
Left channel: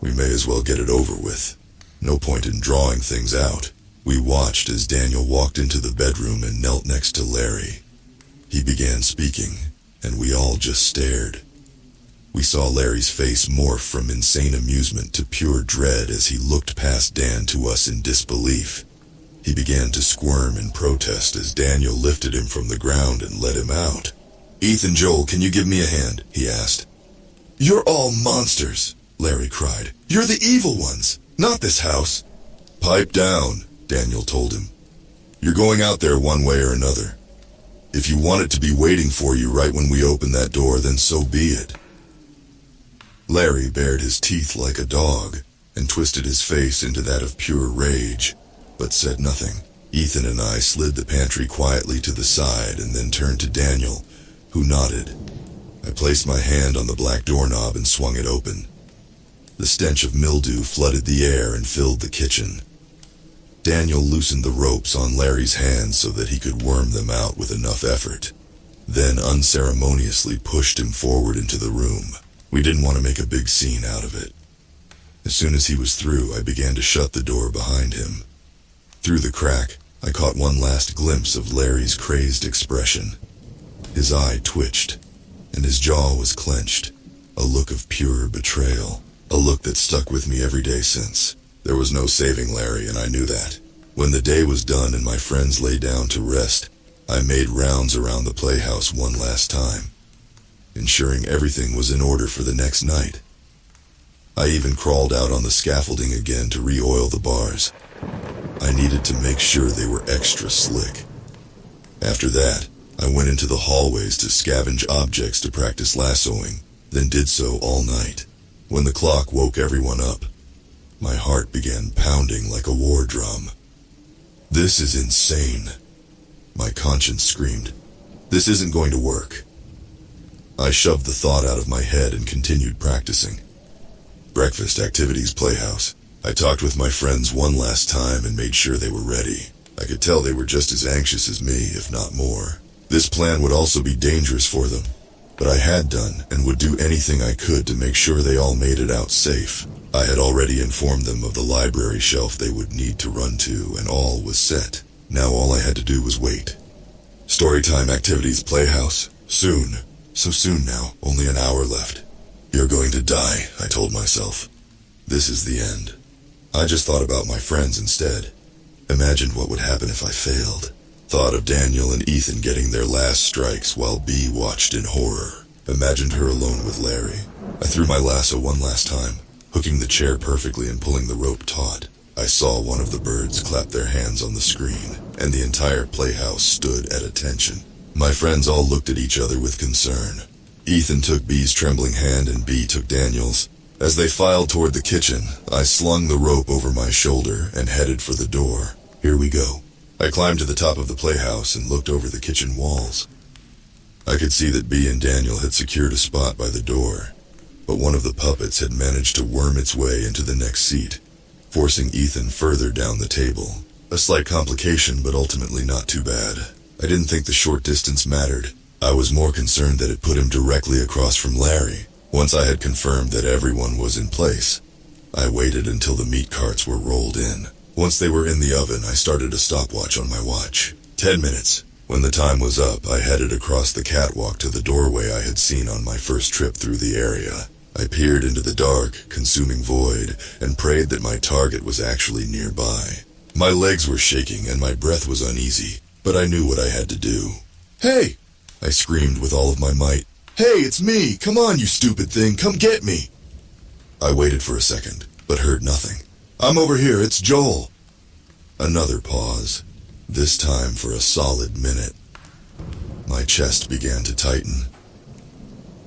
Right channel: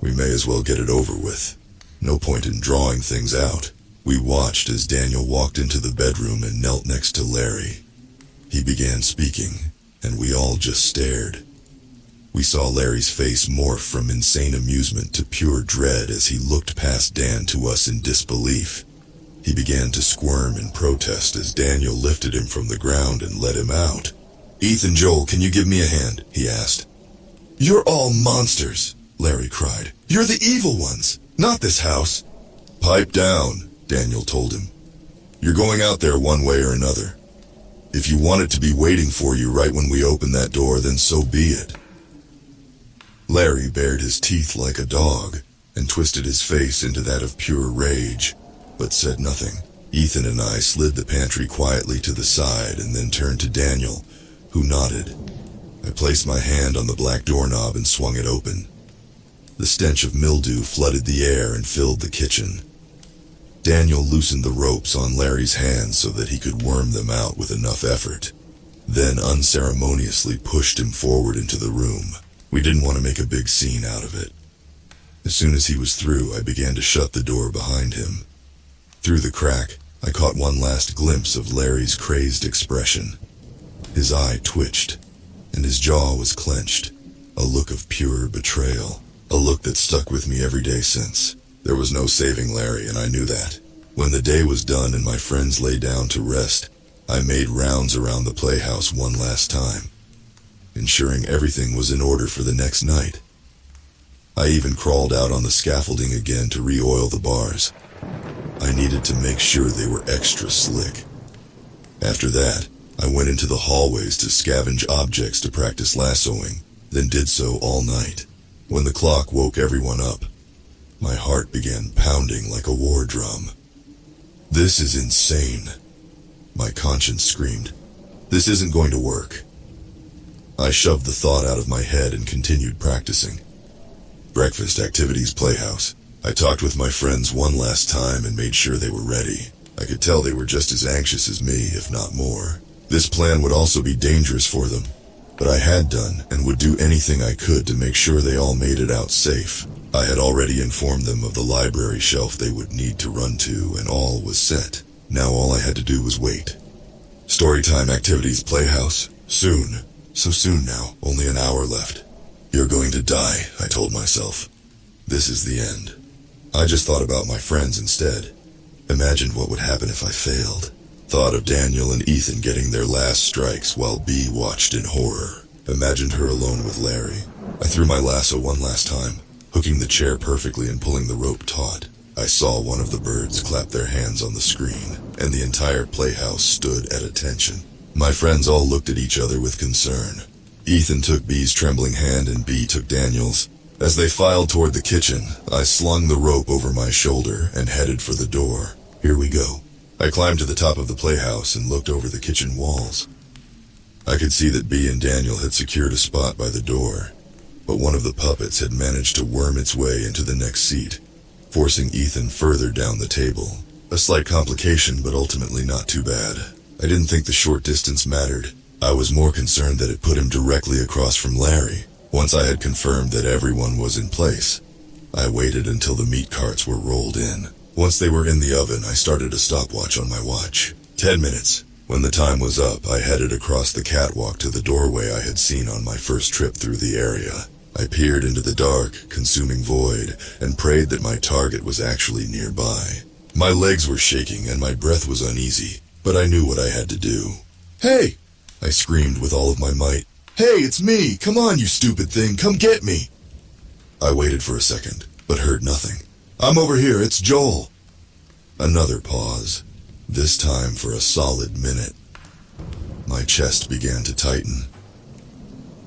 We may as well get it over with. No point in drawing things out. We watched as Daniel walked into the bedroom and knelt next to Larry. He began speaking, and we all just stared. We saw Larry's face morph from insane amusement to pure dread as he looked past Dan to us in disbelief. He began to squirm in protest as Daniel lifted him from the ground and let him out. Ethan, Joel, can you give me a hand? He asked. You're all monsters, Larry cried. You're the evil ones, not this house. Pipe down, Daniel told him. You're going out there one way or another. If you want it to be waiting for you right when we open that door, then so be it. Larry bared his teeth like a dog and twisted his face into that of pure rage, but said nothing. Ethan and I slid the pantry quietly to the side and then turned to Daniel, who nodded. I placed my hand on the black doorknob and swung it open. The stench of mildew flooded the air and filled the kitchen. Daniel loosened the ropes on Larry's hands so that he could worm them out with enough effort, then unceremoniously pushed him forward into the room. We didn't want to make a big scene out of it. As soon as he was through, I began to shut the door behind him. Through the crack, I caught one last glimpse of Larry's crazed expression. His eye twitched, and his jaw was clenched, a look of pure betrayal, a look that stuck with me every day since. There was no saving Larry, and I knew that. When the day was done and my friends lay down to rest, I made rounds around the playhouse one last time, ensuring everything was in order for the next night. I even crawled out on the scaffolding again to re-oil the bars. I needed to make sure they were extra slick. After that, I went into the hallways to scavenge objects to practice lassoing, then did so all night. When the clock woke everyone up, my heart began pounding like a war drum. This is insane, my conscience screamed. This isn't going to work. I shoved the thought out of my head and continued practicing. Breakfast, activities, playhouse. I talked with my friends one last time and made sure they were ready. I could tell they were just as anxious as me, if not more. This plan would also be dangerous for them, but I had done and would do anything I could to make sure they all made it out safe. I had already informed them of the library shelf they would need to run to, and all was set. Now all I had to do was wait. Storytime, activities, playhouse. Soon. So soon now, only an hour left. You're going to die, I told myself. This is the end. I just thought about my friends instead. Imagined what would happen if I failed. Thought of Daniel and Ethan getting their last strikes while Bea watched in horror. Imagined her alone with Larry. I threw my lasso one last time, hooking the chair perfectly and pulling the rope taut. I saw one of the birds clap their hands on the screen, and the entire playhouse stood at attention. My friends all looked at each other with concern. Ethan took Bea's trembling hand and Bea took Daniel's. As they filed toward the kitchen, I slung the rope over my shoulder and headed for the door. Here we go. I climbed to the top of the playhouse and looked over the kitchen walls. I could see that Bea and Daniel had secured a spot by the door, but one of the puppets had managed to worm its way into the next seat, forcing Ethan further down the table. A slight complication, but ultimately not too bad. I didn't think the short distance mattered. I was more concerned that it put him directly across from Larry. Once I had confirmed that everyone was in place, I waited until the meat carts were rolled in. Once they were in the oven, I started a stopwatch on my watch. 10 minutes. When the time was up, I headed across the catwalk to the doorway I had seen on my first trip through the area. I peered into the dark, consuming void, and prayed that my target was actually nearby. My legs were shaking and my breath was uneasy, but I knew what I had to do. Hey! I screamed with all of my might. Hey, it's me! Come on, you stupid thing! Come get me! I waited for a second, but heard nothing. I'm over here, it's Joel. Another pause, this time for a solid minute. My chest began to tighten.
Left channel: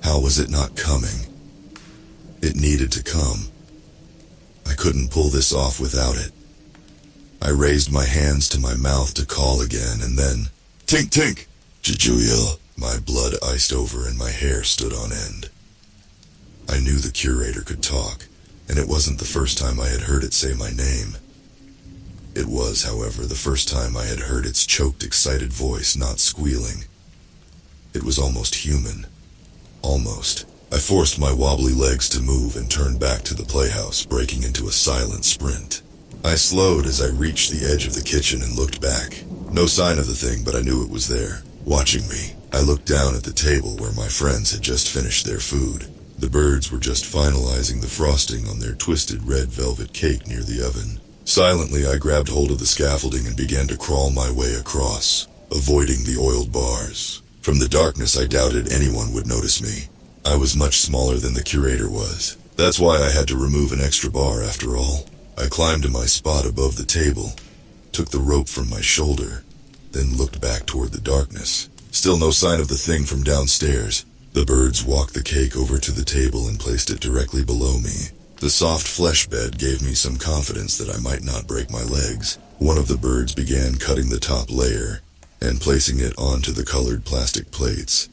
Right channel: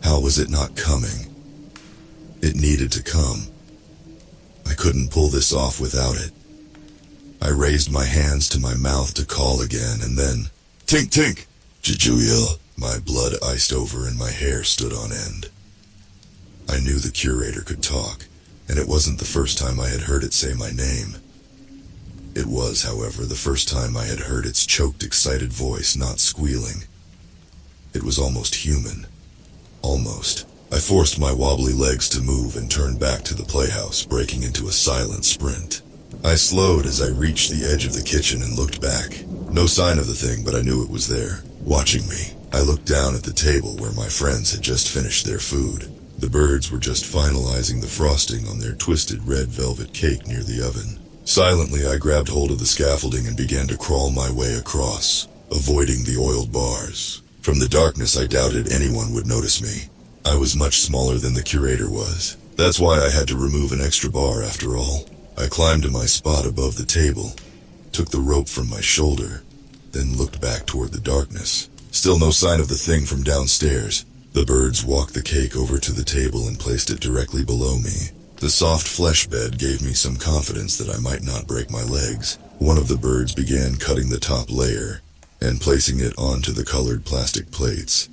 How was it not coming? It needed to come. I couldn't pull this off without it. I raised my hands to my mouth to call again, and then, tink tink, Jujuyil. My blood iced over and my hair stood on end. I knew the curator could talk, and it wasn't the first time I had heard it say my name. It was, however, the first time I had heard its choked, excited voice not squealing. It was almost human. Almost. I forced my wobbly legs to move and turned back to the playhouse, breaking into a silent sprint. I slowed as I reached the edge of the kitchen and looked back. No sign of the thing, but I knew it was there, watching me. I looked down at the table where my friends had just finished their food. The birds were just finalizing the frosting on their twisted red velvet cake near the oven. Silently, I grabbed hold of the scaffolding and began to crawl my way across, avoiding the oiled bars. From the darkness, I doubted anyone would notice me. I was much smaller than the curator was. That's why I had to remove an extra bar after all. I climbed to my spot above the table, took the rope from my shoulder, then looked back toward the darkness. Still no sign of the thing from downstairs. The birds walked the cake over to the table and placed it directly below me. The soft flesh bed gave me some confidence that I might not break my legs. One of the birds began cutting the top layer and placing it onto the colored plastic plates,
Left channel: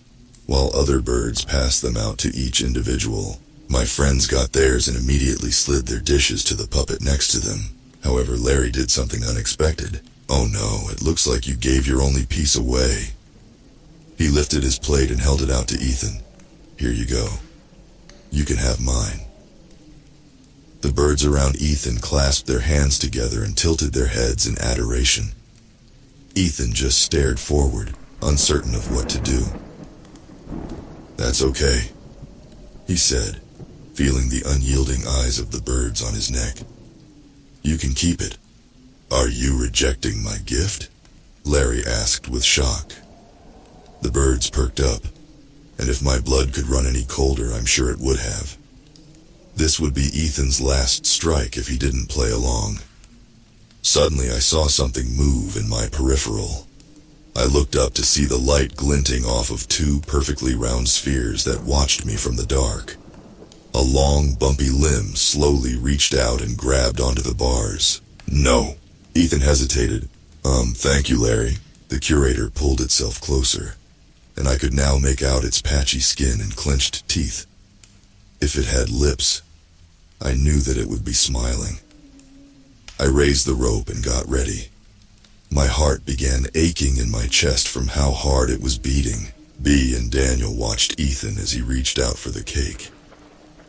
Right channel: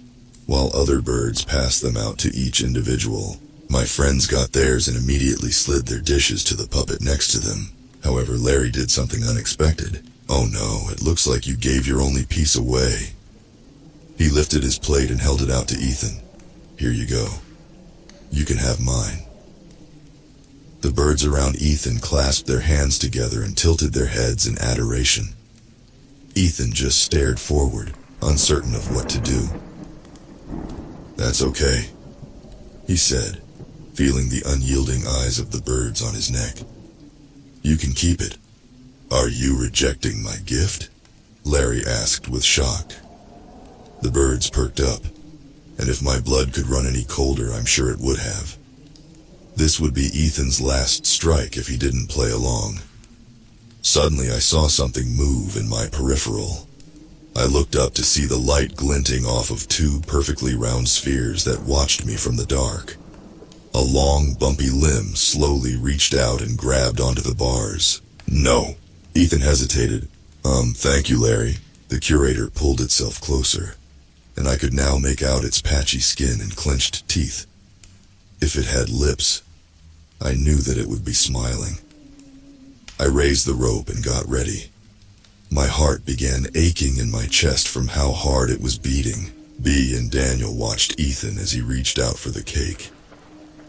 while other birds passed them out to each individual. My friends got theirs and immediately slid their dishes to the puppet next to them. However, Larry did something unexpected. "Oh no, it looks like you gave your only piece away." He lifted his plate and held it out to Ethan. "Here you go. You can have mine." The birds around Ethan clasped their hands together and tilted their heads in adoration. Ethan just stared forward, uncertain of what to do. "That's okay," he said, feeling the unyielding eyes of the birds on his neck. "You can keep it." "Are you rejecting my gift?" Larry asked with shock. The birds perked up, and if my blood could run any colder, I'm sure it would have. This would be Ethan's last strike if he didn't play along. Suddenly I saw something move in my peripheral. I looked up to see the light glinting off of two perfectly round spheres that watched me from the dark. A long, bumpy limb slowly reached out and grabbed onto the bars. "No." Ethan hesitated. Thank you, Larry." The curator pulled itself closer, and I could now make out its patchy skin and clenched teeth. If it had lips, I knew that it would be smiling. I raised the rope and got ready. My heart began aching in my chest from how hard it was beating. Bea and Daniel watched Ethan as he reached out for the cake.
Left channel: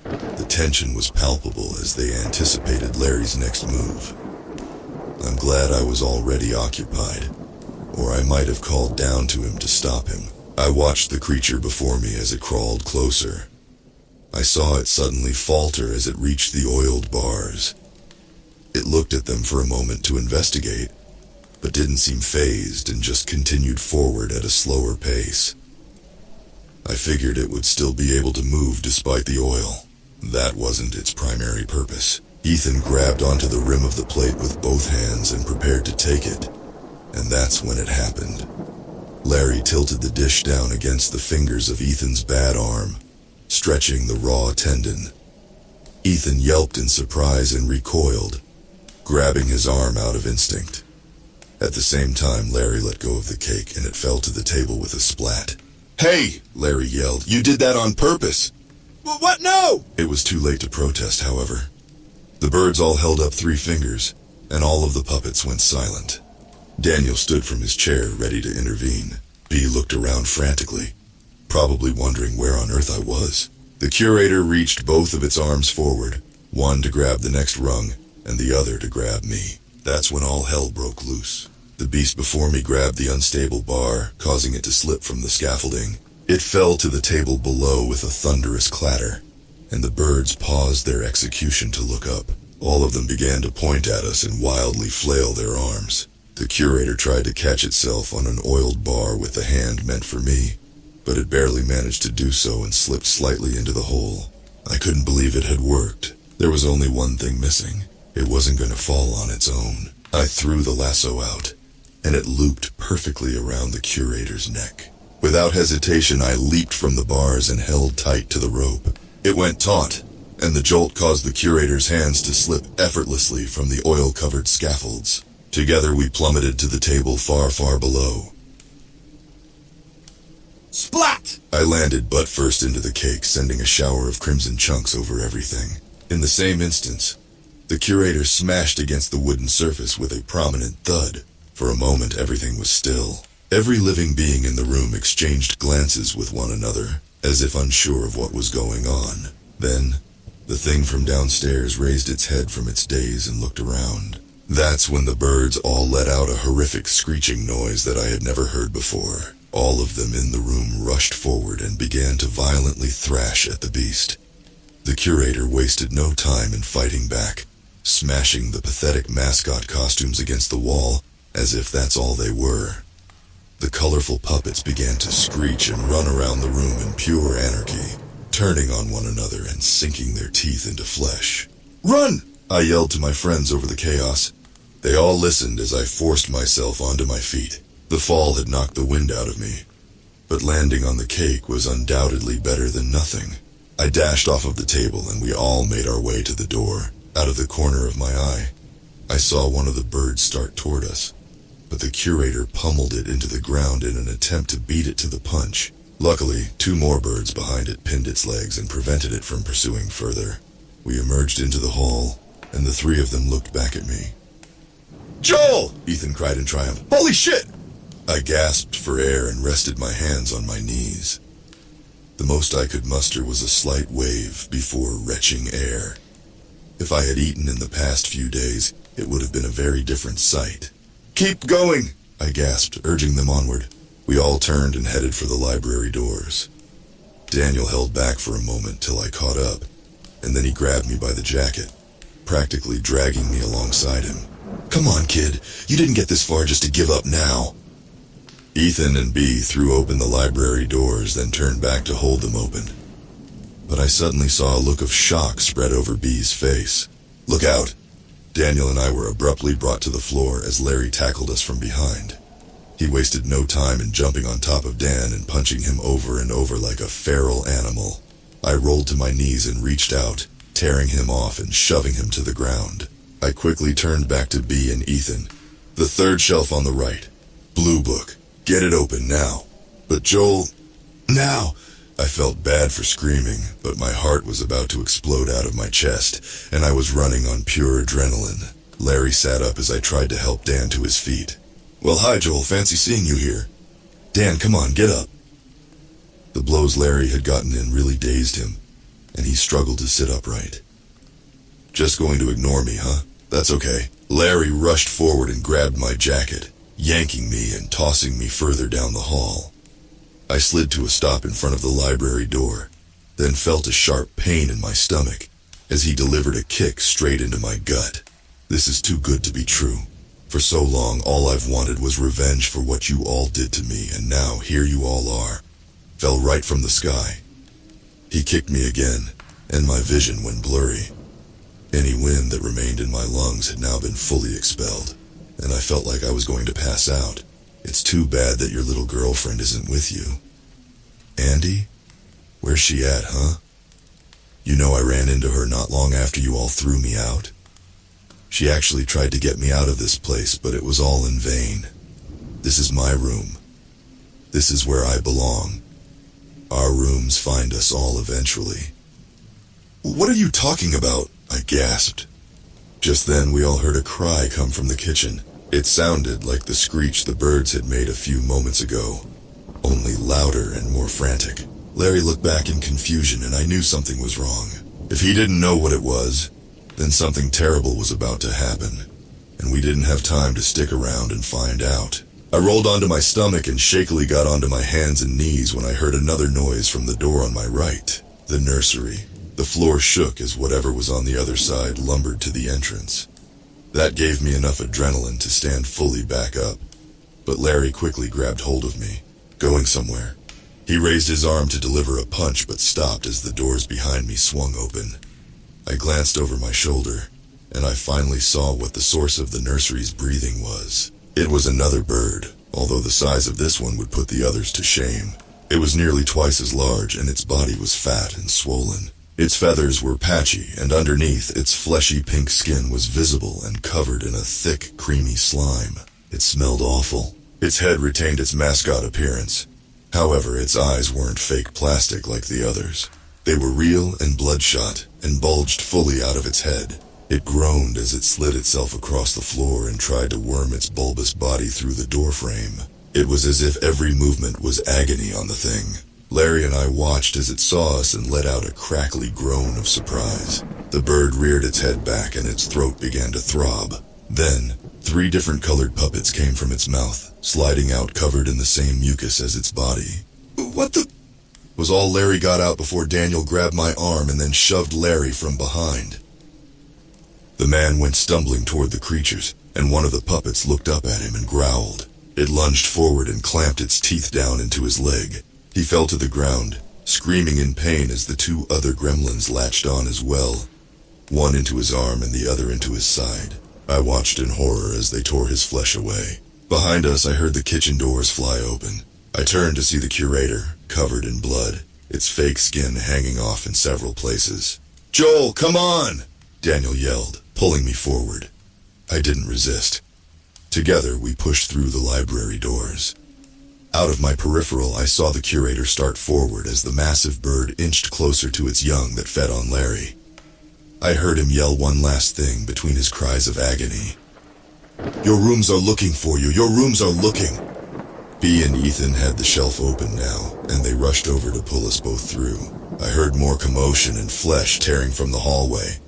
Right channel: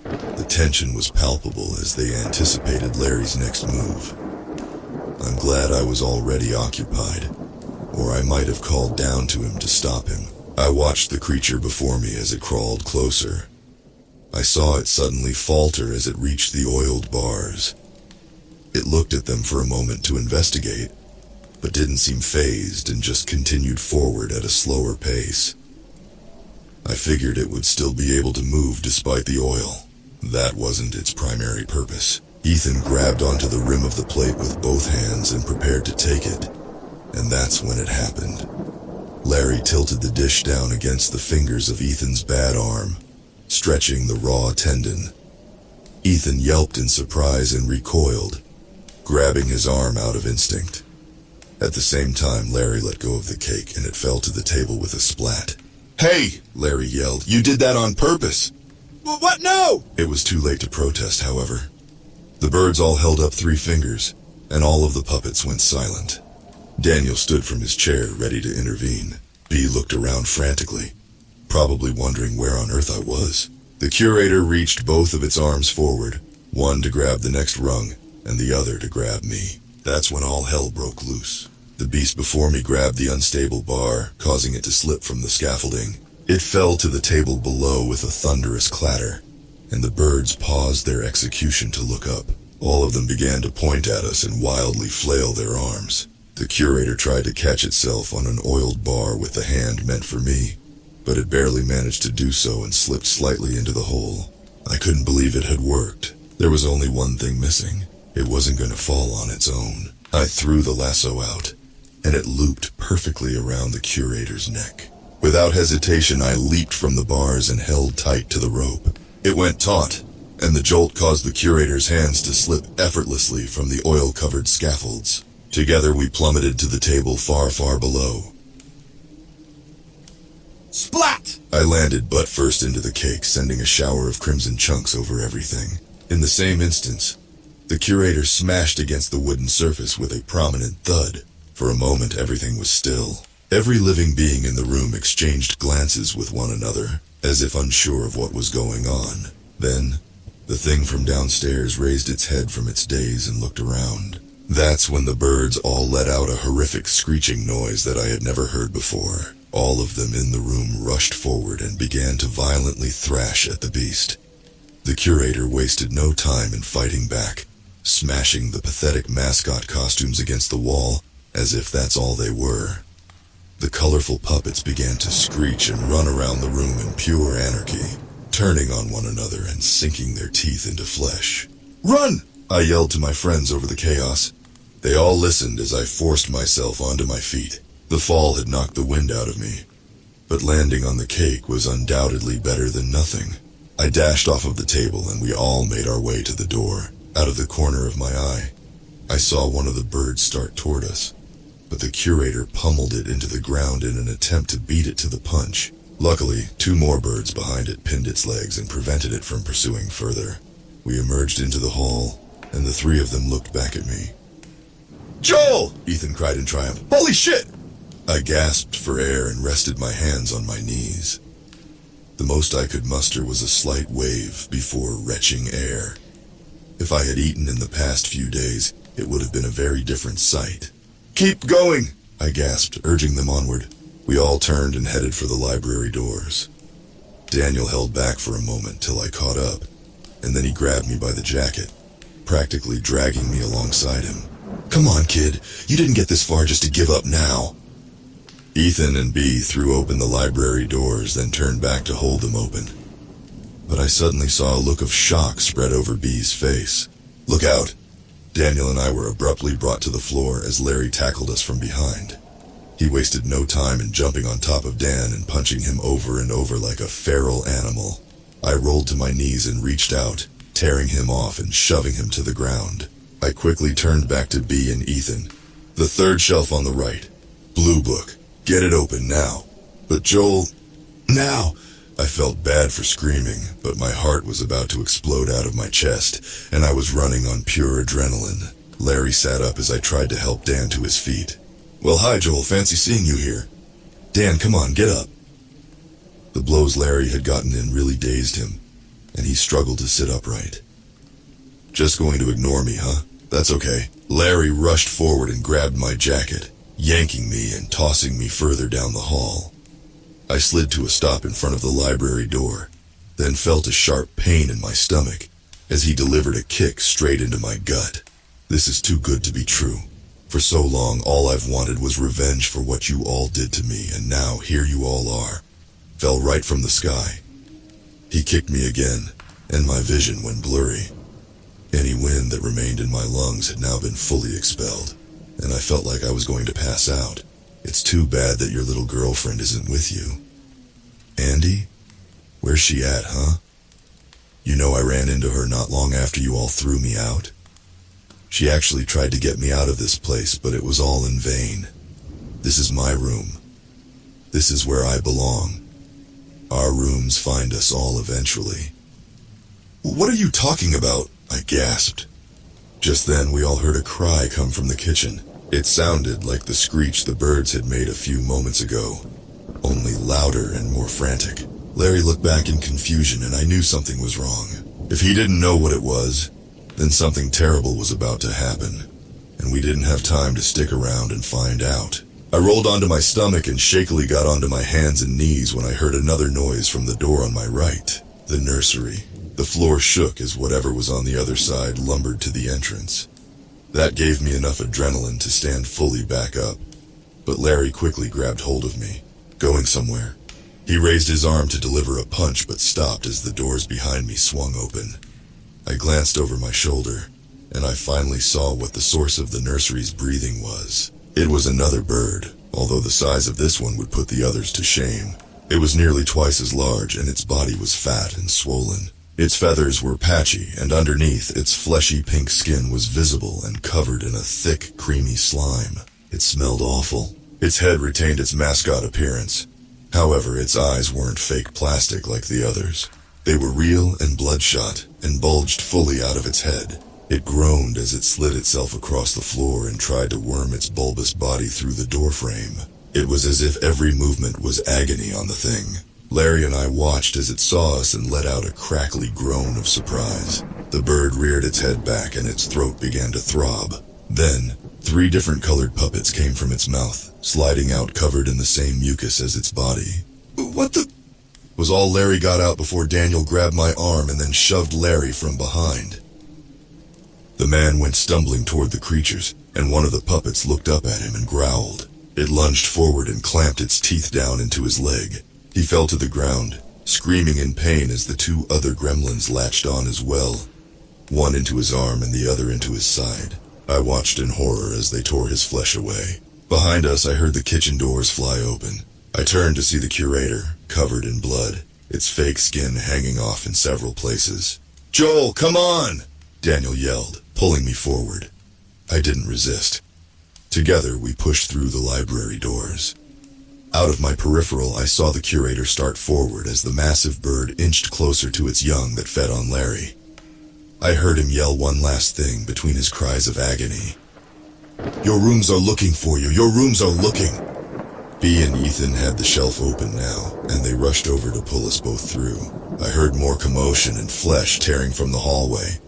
The tension was palpable as they anticipated Larry's next move. I'm glad I was already occupied, or I might have called down to him to stop him. I watched the creature before me as it crawled closer. I saw it suddenly falter as it reached the oiled bars. It looked at them for a moment to investigate, but didn't seem fazed and just continued forward at a slower pace. I figured it would still be able to move despite the oil. That wasn't its primary purpose. Ethan grabbed onto the rim of the plate with both hands and prepared to take it, and that's when it happened. Larry tilted the dish down against the fingers of Ethan's bad arm, stretching the raw tendon. Ethan yelped in surprise and recoiled, grabbing his arm out of instinct. At the same time, Larry let go of the cake and it fell to the table with a splat. "Hey!" Larry yelled. "You did that on purpose!" What? No! It was too late to protest, however. The birds all held up 3 fingers, and all of the puppets went silent. Daniel stood from his chair, ready to intervene. Bea looked around frantically, probably wondering where on earth I was. The curator reached both of its arms forward, one to grab the next rung, and the other to grab me. That's when all hell broke loose. The beast before me grabbed the unstable bar, causing it to slip from the scaffolding. It fell to the table below with a thunderous clatter, and the birds paused their execution to look up. All of them began to point at us and wildly flail their arms. The curator tried to catch itself on an oiled bar with the hand meant for me, but it barely managed to do so and slipped slightly into the hole. I couldn't believe it had worked. There was only one thing missing. It wasn't going to fall on its own. I threw the lasso out, and it looped perfectly around the curator's neck. Without hesitation, I leaped from the bars and held tight to the rope. It went taut, and the jolt caused the curator's hands to slip effortlessly from the oil-covered scaffolds. Together we plummeted to the table far, far below. Splat! I landed butt first into the cake, sending a shower of crimson chunks over everything. In the same instance, the curator smashed against the wooden surface with a prominent thud. For a moment, everything was still. Every living being in the room exchanged glances with one another, as if unsure of what was going on. Then, the thing from downstairs raised its head from its daze and looked around. That's when the birds all let out a horrific screeching noise that I had never heard before. All of them in the room rushed forward and began to violently thrash at the beast. The curator wasted no time in fighting back, smashing the pathetic mascot costumes against the wall as if that's all they were. The colorful puppets began to screech and run around the room in pure anarchy, turning on one another and sinking their teeth into flesh. "Run!" I yelled to my friends over the chaos. They all listened as I forced myself onto my feet. The fall had knocked the wind out of me, but landing on the cake was undoubtedly better than nothing. I dashed off of the table and we all made our way to the door. Out of the corner of my eye, I saw one of the birds start toward us, but the curator pummeled it into the ground in an attempt to beat it to the punch. Luckily, 2 more birds behind it pinned its legs and prevented it from pursuing further. We emerged into the hall, and the 3 of them looked back at me. "Joel!" Ethan cried in triumph. "Holy shit!" I gasped for air and rested my hands on my knees. The most I could muster was a slight wave before retching air. If I had eaten in the past few days, it would have been a very different sight. "Keep going!" I gasped, urging them onward. We all turned and headed for the library doors. Daniel held back for a moment till I caught up, and then he grabbed me by the jacket, practically dragging me alongside him. "Come on, kid. You didn't get this far just to give up now." Ethan and B threw open the library doors, then turned back to hold them open. But I suddenly saw a look of shock spread over B's face. "Look out!" Daniel and I were abruptly brought to the floor as Larry tackled us from behind. He wasted no time in jumping on top of Dan and punching him over and over like a feral animal. I rolled to my knees and reached out, tearing him off and shoving him to the ground. I quickly turned back to B and Ethan. "The 3rd shelf on the right. Blue book. Get it open now." "But Joel..." "Now!" I felt bad for screaming, but my heart was about to explode out of my chest, and I was running on pure adrenaline. Larry sat up as I tried to help Dan to his feet. "Well, hi, Joel. Fancy seeing you here." "Dan, come on, get up." The blows Larry had gotten in really dazed him, and he struggled to sit upright. "Just going to ignore me, huh? That's okay." Larry rushed forward and grabbed my jacket, yanking me and tossing me further down the hall. I slid to a stop in front of the library door, then felt a sharp pain in my stomach as he delivered a kick straight into my gut. This is too good to be true. For so long, all I've wanted was revenge for what you all did to me, and now here you all are. Fell right from the sky. He kicked me again, and my vision went blurry. Any wind that remained in my lungs had now been fully expelled, and I felt like I was going to pass out. "It's too bad that your little girlfriend isn't with you." "Andy? Where's she at, huh? You know I ran into her not long after you all threw me out. She actually tried to get me out of this place, but it was all in vain. This is my room. This is where I belong. Our rooms find us all eventually." "What are you talking about?" I gasped. Just then we all heard a cry come from the kitchen. It sounded like the screech the birds had made a few moments ago, only louder and more frantic. Larry looked back in confusion, and I knew something was wrong. If he didn't know what it was, then something terrible was about to happen, and we didn't have time to stick around and find out. I rolled onto my stomach and shakily got onto my hands and knees when I heard another noise from the door on my right. The nursery. The floor shook as whatever was on the other side lumbered to the entrance. That gave me enough adrenaline to stand fully back up, but Larry quickly grabbed hold of me. "Going somewhere?" He raised his arm to deliver a punch, but stopped as the doors behind me swung open. I glanced over my shoulder, and I finally saw what the source of the nursery's breathing was. It was another bird, although the size of this one would put the others to shame. It was nearly twice as large, and its body was fat and swollen. Its feathers were patchy, and underneath, its fleshy pink skin was visible and covered in a thick, creamy slime. It smelled awful. Its head retained its mascot appearance, However, its eyes weren't fake plastic like the others. They were real and bloodshot and bulged fully out of its head. It groaned as it slid itself across the floor and tried to worm its bulbous body through the doorframe. It was as if every movement was agony on the thing. Larry and I watched as it saw us and let out a crackly groan of surprise. The bird reared its head back and its throat began to throb. Then, 3 different colored puppets came from its mouth, sliding out covered in the same mucus as its body. "What the?" was all Larry got out before Daniel grabbed my arm and then shoved Larry from behind. The man went stumbling toward the creatures, and one of the puppets looked up at him and growled. It lunged forward and clamped its teeth down into his leg. He fell to the ground, screaming in pain as the 2 other gremlins latched on as well, one into his arm and the other into his side. I watched in horror as they tore his flesh away. Behind us, I heard the kitchen doors fly open. I turned to see the curator, covered in blood, its fake skin hanging off in several places. "Joel, come on!" Daniel yelled, pulling me forward. I didn't resist. Together, we pushed through the library doors. Out of my peripheral, I saw the curator start forward as the massive bird inched closer to its young that fed on Larry. I heard him yell one last thing between his cries of agony. "Your rooms are looking for you. Your rooms are looking." Bea and Ethan had the shelf open now, and they rushed over to pull us both through. I heard more commotion and flesh tearing from the hallway,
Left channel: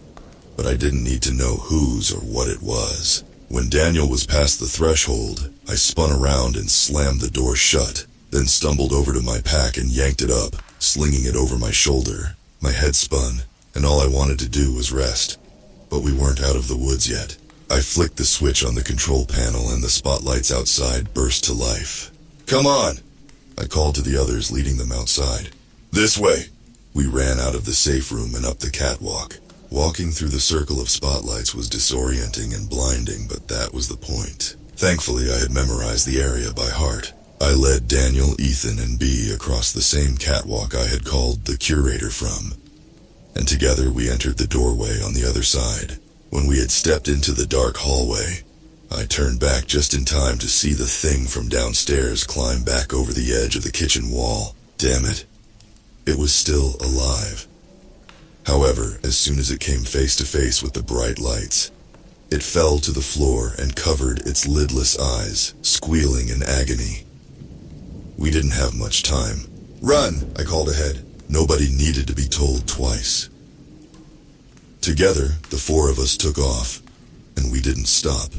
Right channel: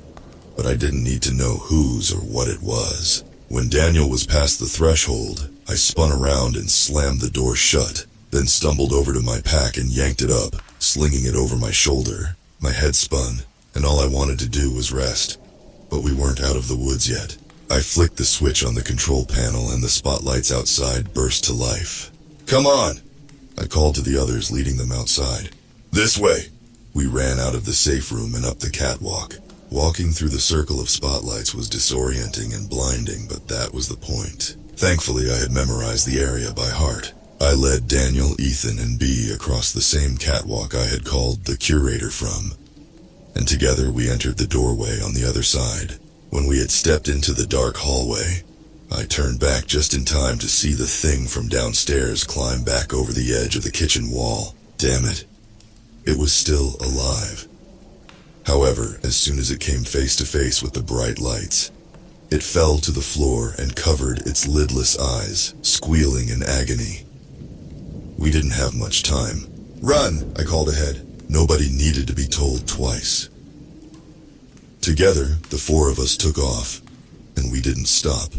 but I didn't need to know whose or what it was. When Daniel was past the threshold, I spun around and slammed the door shut, then stumbled over to my pack and yanked it up, slinging it over my shoulder. My head spun, and all I wanted to do was rest. But we weren't out of the woods yet. I flicked the switch on the control panel and the spotlights outside burst to life. "Come on!" I called to the others, leading them outside. "This way!" We ran out of the safe room and up the catwalk. Walking through the circle of spotlights was disorienting and blinding, but that was the point. Thankfully, I had memorized the area by heart. I led Daniel, Ethan, and Bea across the same catwalk I had called the curator from, and together we entered the doorway on the other side. When we had stepped into the dark hallway, I turned back just in time to see the thing from downstairs climb back over the edge of the kitchen wall. Damn it. It was still alive. However, as soon as it came face to face with the bright lights, it fell to the floor and covered its lidless eyes, squealing in agony. We didn't have much time. "Run!" I called ahead. Nobody needed to be told twice. Together, the 4 of us took off, and we didn't stop.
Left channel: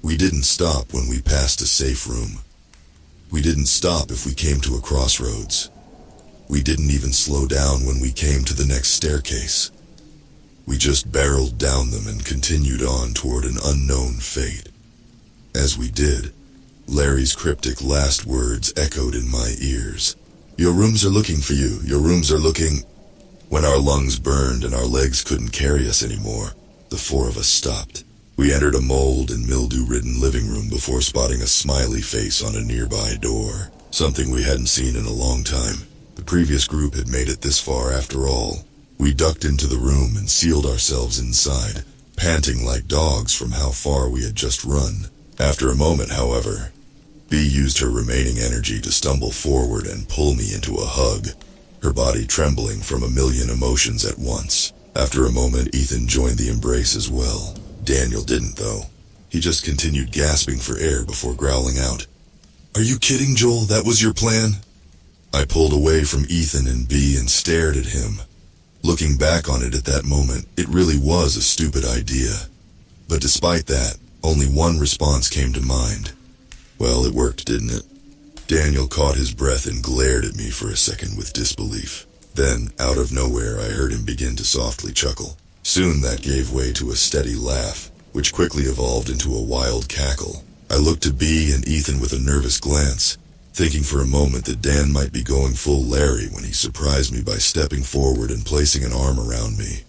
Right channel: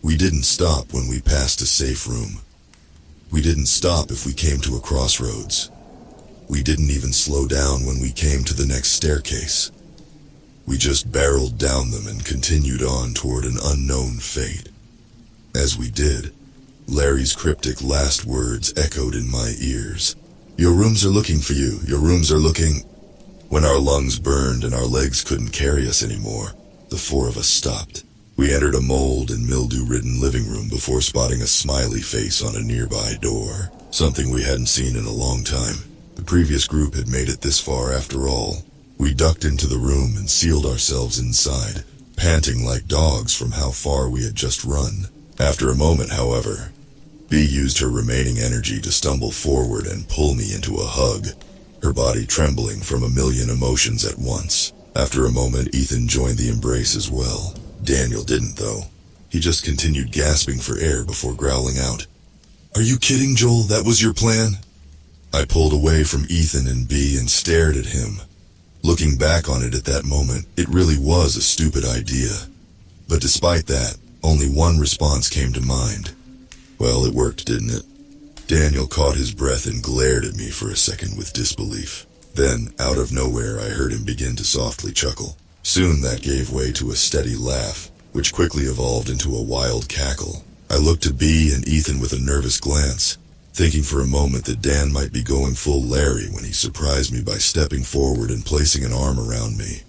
We didn't stop when we passed a safe room. We didn't stop if we came to a crossroads. We didn't even slow down when we came to the next staircase. We just barreled down them and continued on toward an unknown fate. As we did, Larry's cryptic last words echoed in my ears. "Your rooms are looking for you. Your rooms are looking..." When our lungs burned and our legs couldn't carry us anymore, the 4 of us stopped. We entered a mold and mildew-ridden living room before spotting a smiley face on a nearby door, something we hadn't seen in a long time. The previous group had made it this far after all. We ducked into the room and sealed ourselves inside, panting like dogs from how far we had just run. After a moment, however, Bea used her remaining energy to stumble forward and pull me into a hug, her body trembling from a million emotions at once. After a moment, Ethan joined the embrace as well. Daniel didn't, though. He just continued gasping for air before growling out, "Are you kidding, Joel? That was your plan?" I pulled away from Ethan and Bea and stared at him. Looking back on it at that moment, it really was a stupid idea. But despite that, only one response came to mind. Well, it worked, didn't it? Daniel caught his breath and glared at me for a second with disbelief. Then, out of nowhere, I heard him begin to softly chuckle. Soon that gave way to a steady laugh, which quickly evolved into a wild cackle. I looked to Bea and Ethan with a nervous glance, thinking for a moment that Dan might be going full Larry when he surprised me by stepping forward and placing an arm around me.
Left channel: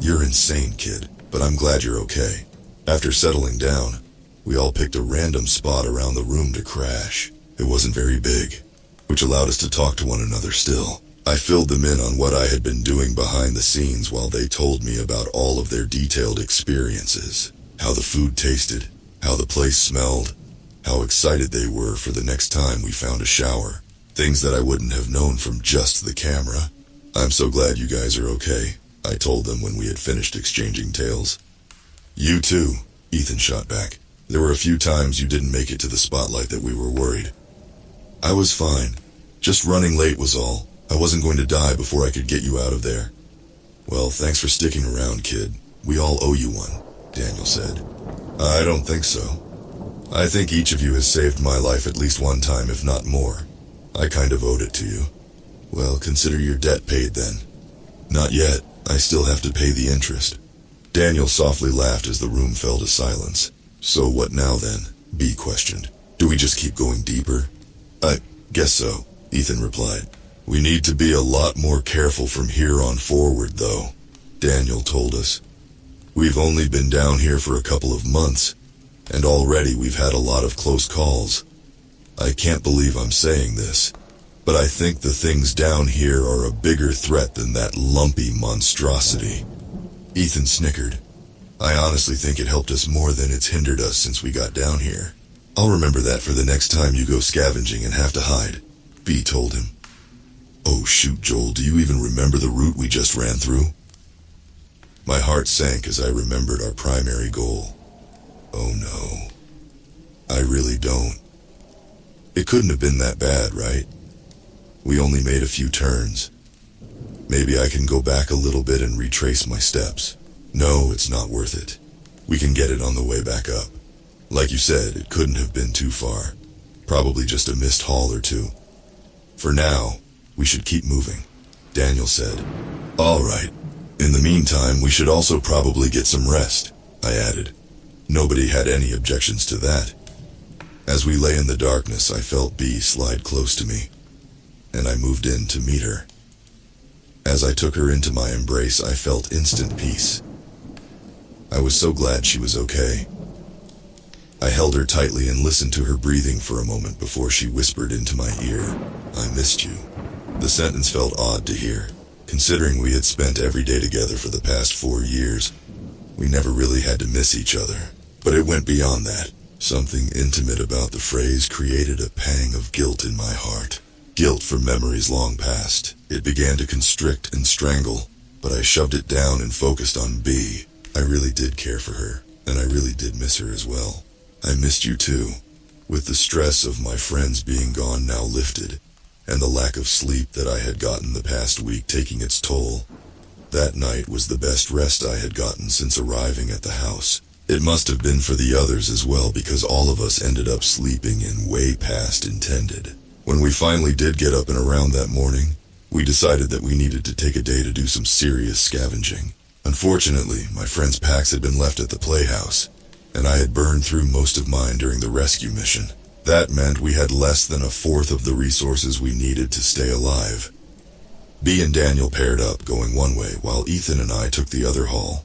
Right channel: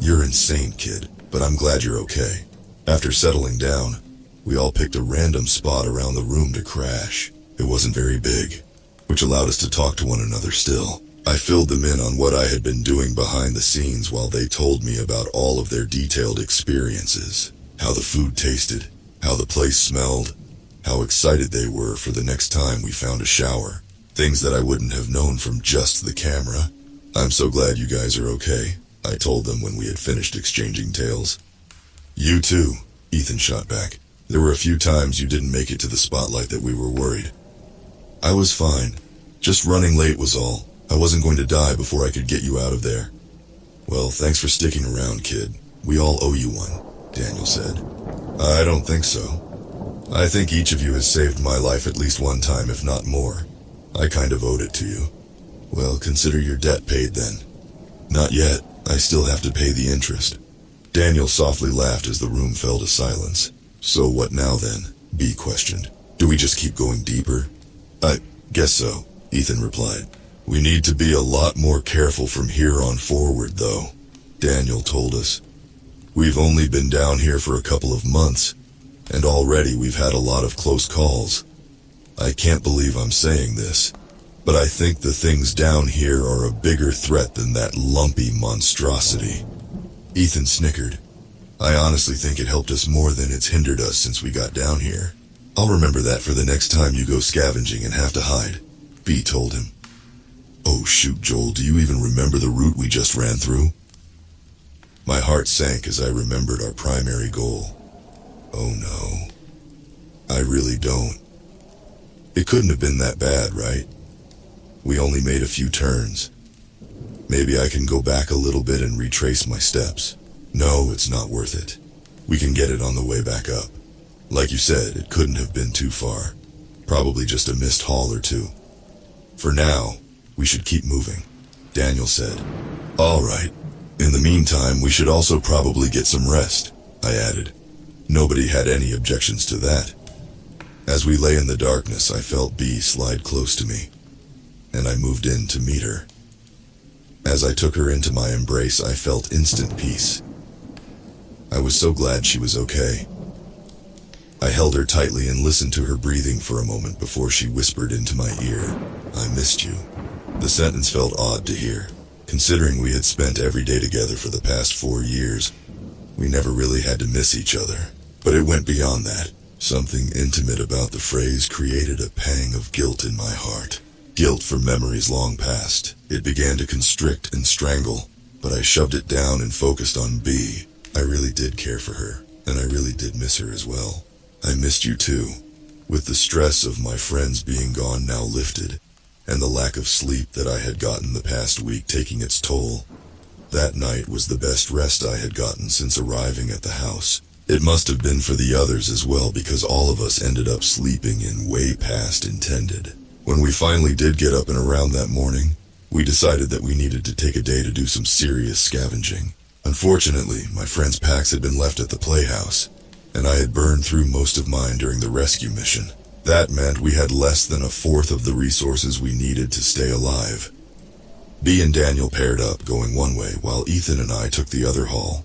"You're insane, kid, but I'm glad you're okay." After settling down, we all picked a random spot around the room to crash. It wasn't very big, which allowed us to talk to one another still. I filled them in on what I had been doing behind the scenes while they told me about all of their detailed experiences. How the food tasted, how the place smelled, how excited they were for the next time we found a shower. Things that I wouldn't have known from just the camera. "I'm so glad you guys are okay," I told them when we had finished exchanging tales. "You too," Ethan shot back. "There were a few times you didn't make it to the spotlight that we were worried." "I was fine. Just running late was all. I wasn't going to die before I could get you out of there." "Well, thanks for sticking around, kid. We all owe you one," Daniel said. "I don't think so. I think each of you has saved my life at least one time, if not more. I kind of owed it to you." "Well, consider your debt paid then." "Not yet. I still have to pay the interest." Daniel softly laughed as the room fell to silence. "So what now then?" B questioned. "Do we just keep going deeper?" "I guess so," Ethan replied. "We need to be a lot more careful from here on forward, though," Daniel told us. "We've only been down here for a couple of months, and already we've had a lot of close calls. I can't believe I'm saying this, but I think the things down here are a bigger threat than that lumpy monstrosity." Ethan snickered. "I honestly think it helped us more than it's hindered us since we got down here. I'll remember that for the next time you go scavenging and have to hide," B told him. "Oh shoot, Joel, do you even remember the route we just ran through?" My heart sank as I remembered our primary goal. Oh no. I really don't. It couldn't have been that bad, right? We only made a few turns. Maybe I can go back a little bit and retrace my steps. No, it's not worth it. We can get it on the way back up. Like you said, it couldn't have been too far. Probably just a missed haul or two. For now, we should keep moving, Daniel said. "All right. In the meantime, we should also probably get some rest," I added. Nobody had any objections to that. As we lay in the darkness, I felt B slide close to me, and I moved in to meet her. As I took her into my embrace, I felt instant peace. I was so glad she was okay. I held her tightly and listened to her breathing for a moment before she whispered into my ear, "I missed you." The sentence felt odd to hear, considering we had spent every day together for the past 4 years. We never really had to miss each other, but it went beyond that. Something intimate about the phrase created a pang of guilt in my heart. Guilt for memories long past. It began to constrict and strangle, but I shoved it down and focused on B. I really did care for her, and I really did miss her as well. I missed you too. With the stress of my friends being gone now lifted, and the lack of sleep that I had gotten the past week taking its toll, that night was the best rest I had gotten since arriving at the house. It must have been for the others as well, because all of us ended up sleeping in way past intended. When we finally did get up and around that morning, we decided that we needed to take a day to do some serious scavenging. Unfortunately, my friends' packs had been left at the playhouse, and I had burned through most of mine during the rescue mission. That meant we had less than a fourth of the resources we needed to stay alive. B and Daniel paired up, going one way, while Ethan and I took the other haul.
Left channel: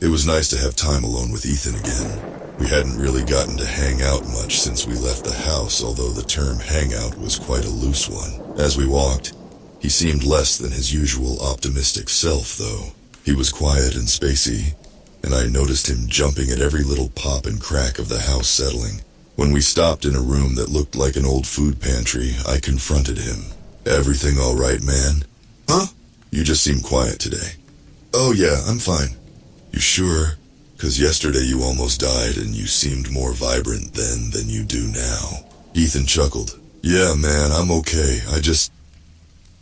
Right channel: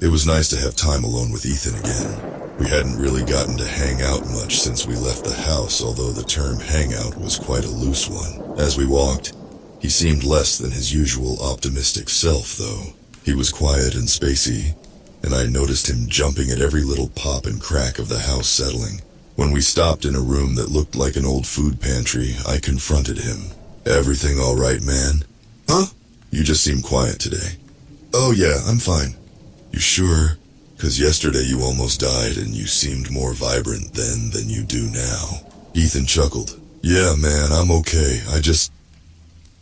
It was nice to have time alone with Ethan again. We hadn't really gotten to hang out much since we left the house, although the term hangout was quite a loose one. As we walked, he seemed less than his usual optimistic self, though. He was quiet and spacey, and I noticed him jumping at every little pop and crack of the house settling. When we stopped in a room that looked like an old food pantry, I confronted him. "Everything all right, man?" "Huh? You just seem quiet today." "Oh yeah, I'm fine." "You sure? 'Cause yesterday you almost died and you seemed more vibrant then than you do now." Ethan chuckled. "Yeah, man, I'm okay.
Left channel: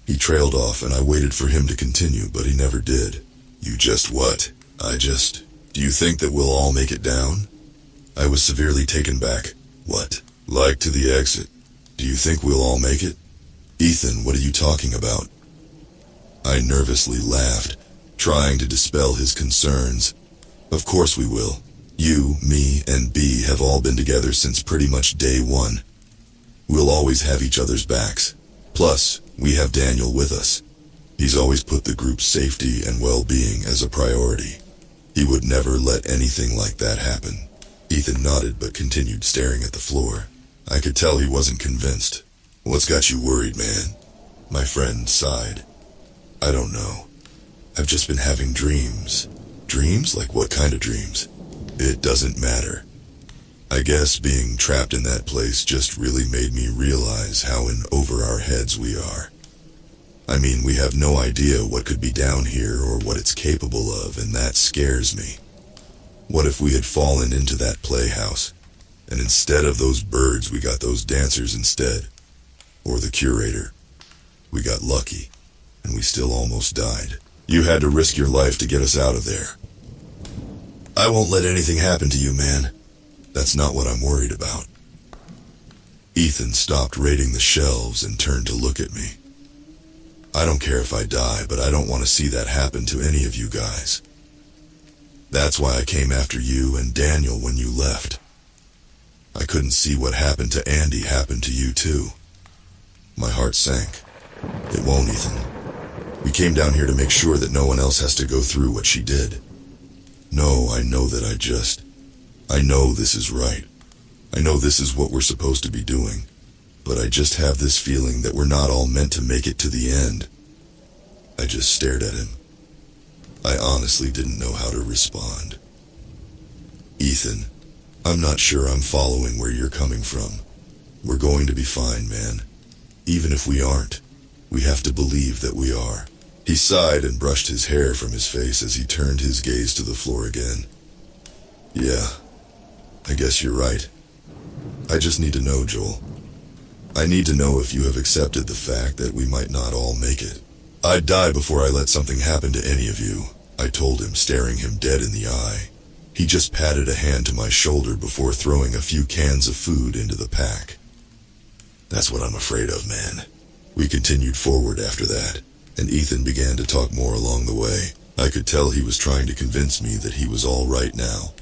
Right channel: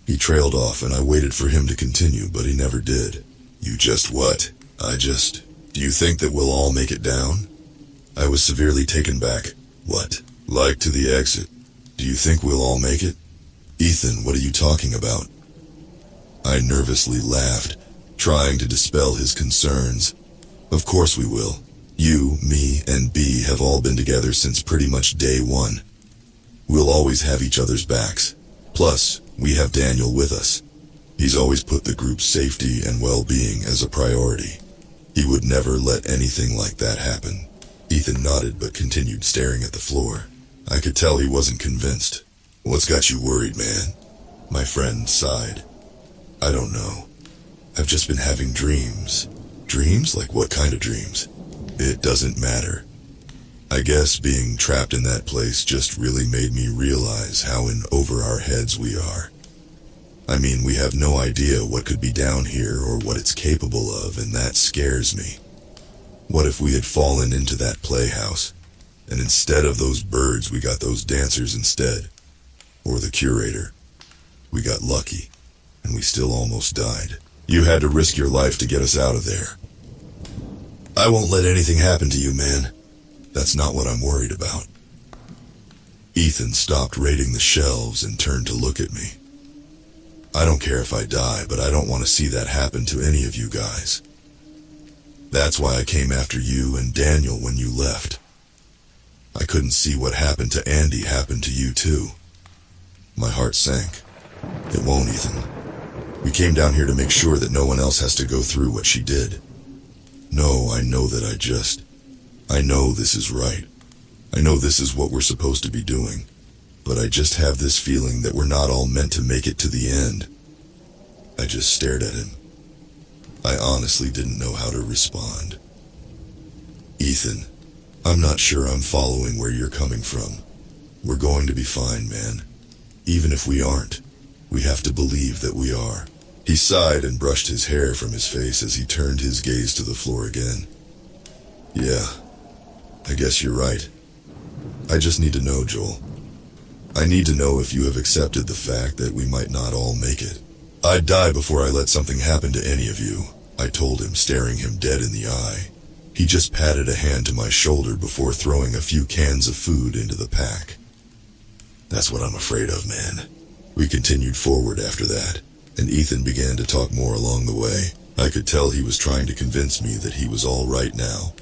He trailed off and I waited for him to continue, but he never did. "You just what?" Do you think that we'll all make it down?" I was severely taken back. "What? Like to the exit? Do you think we'll all make it?" "Ethan, what are you talking about?" I nervously laughed, trying to dispel his concerns. "Of course we will. You, me, and B have all been together since pretty much day one. We'll always have each other's backs. Plus, we have Daniel with us. He's always put the group's safety and well-being as a priority. He would never let anything like that happen." Ethan nodded but continued staring at the floor. I could tell he wasn't convinced. "What's got you worried, man?" My friend sighed. "I don't know. I've just been having dreams." "Dreams? Like what kind of dreams?" "It doesn't matter. I guess being trapped in that place just really made me realize how in over our heads we are. I mean, we have no idea what could be down here or what it's capable of, and that scares me. What if we had fallen into that playhouse, and instead of those birds we got those dancers instead? Or the curator? We got lucky, and we still almost died. You had to risk your life to get us out of there. I won't let anything happen to you, man. That's not what I'm worried about. Ethan stopped raiding the shelves and turned to look at me. I don't care if I die, but I don't want to see that happen to any of you guys. That's why I came after you and Daniel when you left. I couldn't see what happened to Andy happen to you too. My heart sank. It won't, Ethan. We came down here to make sure that no one else has to go through what she did. No, I know that I know this is right. I know this is what we're supposed to be doing. But I just have this feeling that we're not all meant to make it to the end. I just stared at him. I honestly didn't know how to respond. Ethan, I'm not sure I'm following where you're coming from. We're going to be fine, man. Even if we aren't, we have to believe that we are. He sighed and brushed his hair from his face as he turned his gaze to the floor again. Yeah, I guess you're right. I just need to know, Joel. I need to know if you have accepted the fact that we might not all make it. I'd die before I let something happen to any of you, I told him, staring him dead in the eye. He just patted a hand to my shoulder before throwing a few cans of food into the pack. That's what I'm afraid of, man. We continued forward after that, and Ethan began to talk more along the way. I could tell he was trying to convince me that he was all right now,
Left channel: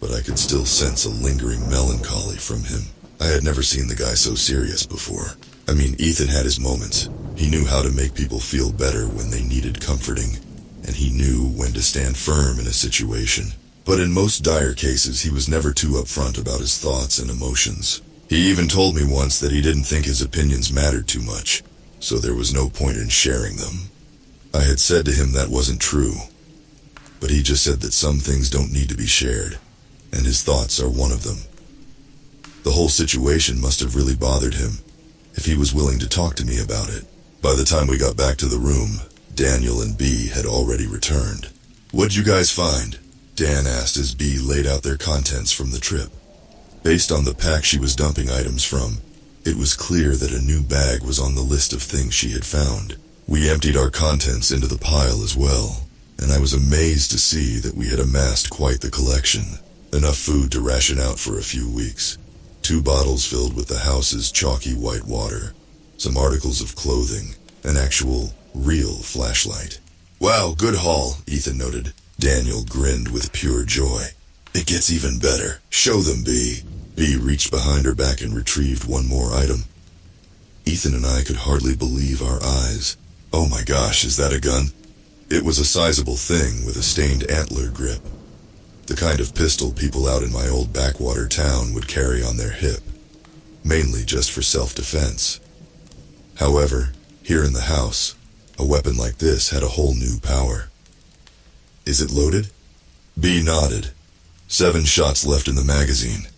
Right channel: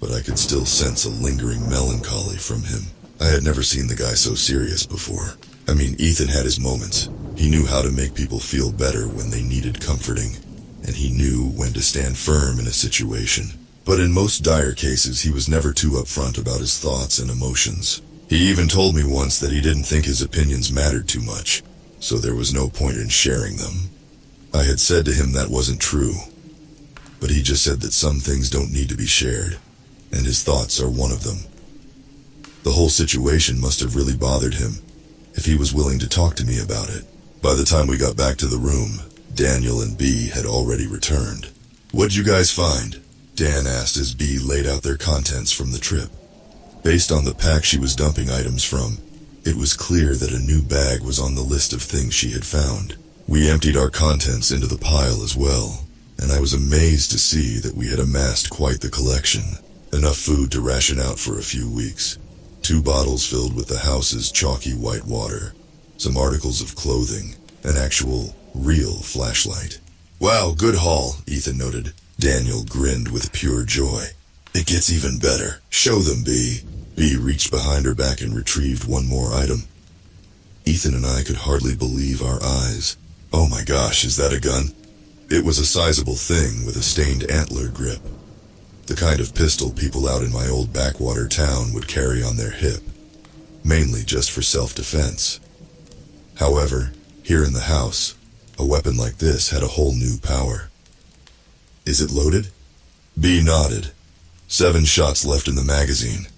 but I could still sense a lingering melancholy from him. I had never seen the guy so serious before. I mean, Ethan had his moments. He knew how to make people feel better when they needed comforting, and he knew when to stand firm in a situation. But in most dire cases, he was never too upfront about his thoughts and emotions. He even told me once that he didn't think his opinions mattered too much, so there was no point in sharing them. I had said to him that wasn't true, but he just said that some things don't need to be shared, and his thoughts are one of them. The whole situation must have really bothered him, if he was willing to talk to me about it. By the time we got back to the room, Daniel and B had already returned. "What'd you guys find?" Dan asked as B laid out their contents from the trip. Based on the pack she was dumping items from, it was clear that a new bag was on the list of things she had found. We emptied our contents into the pile as well, and I was amazed to see that we had amassed quite the collection. Enough food to ration out for a few weeks. 2 bottles filled with the house's chalky white water, some articles of clothing, an actual, real flashlight. "Wow, good haul," Ethan noted. Daniel grinned with pure joy. "It gets even better. Show them, B." B reached behind her back and retrieved one more item. Ethan and I could hardly believe our eyes. "Oh my gosh, is that a gun?" It was a sizable thing with a stained antler grip. The kind of pistol people out in my old backwater town would carry on their hip, mainly just for self-defense. However, here in the house, a weapon like this had a whole new power. "Is it loaded?" B nodded. 7 shots left in the magazine.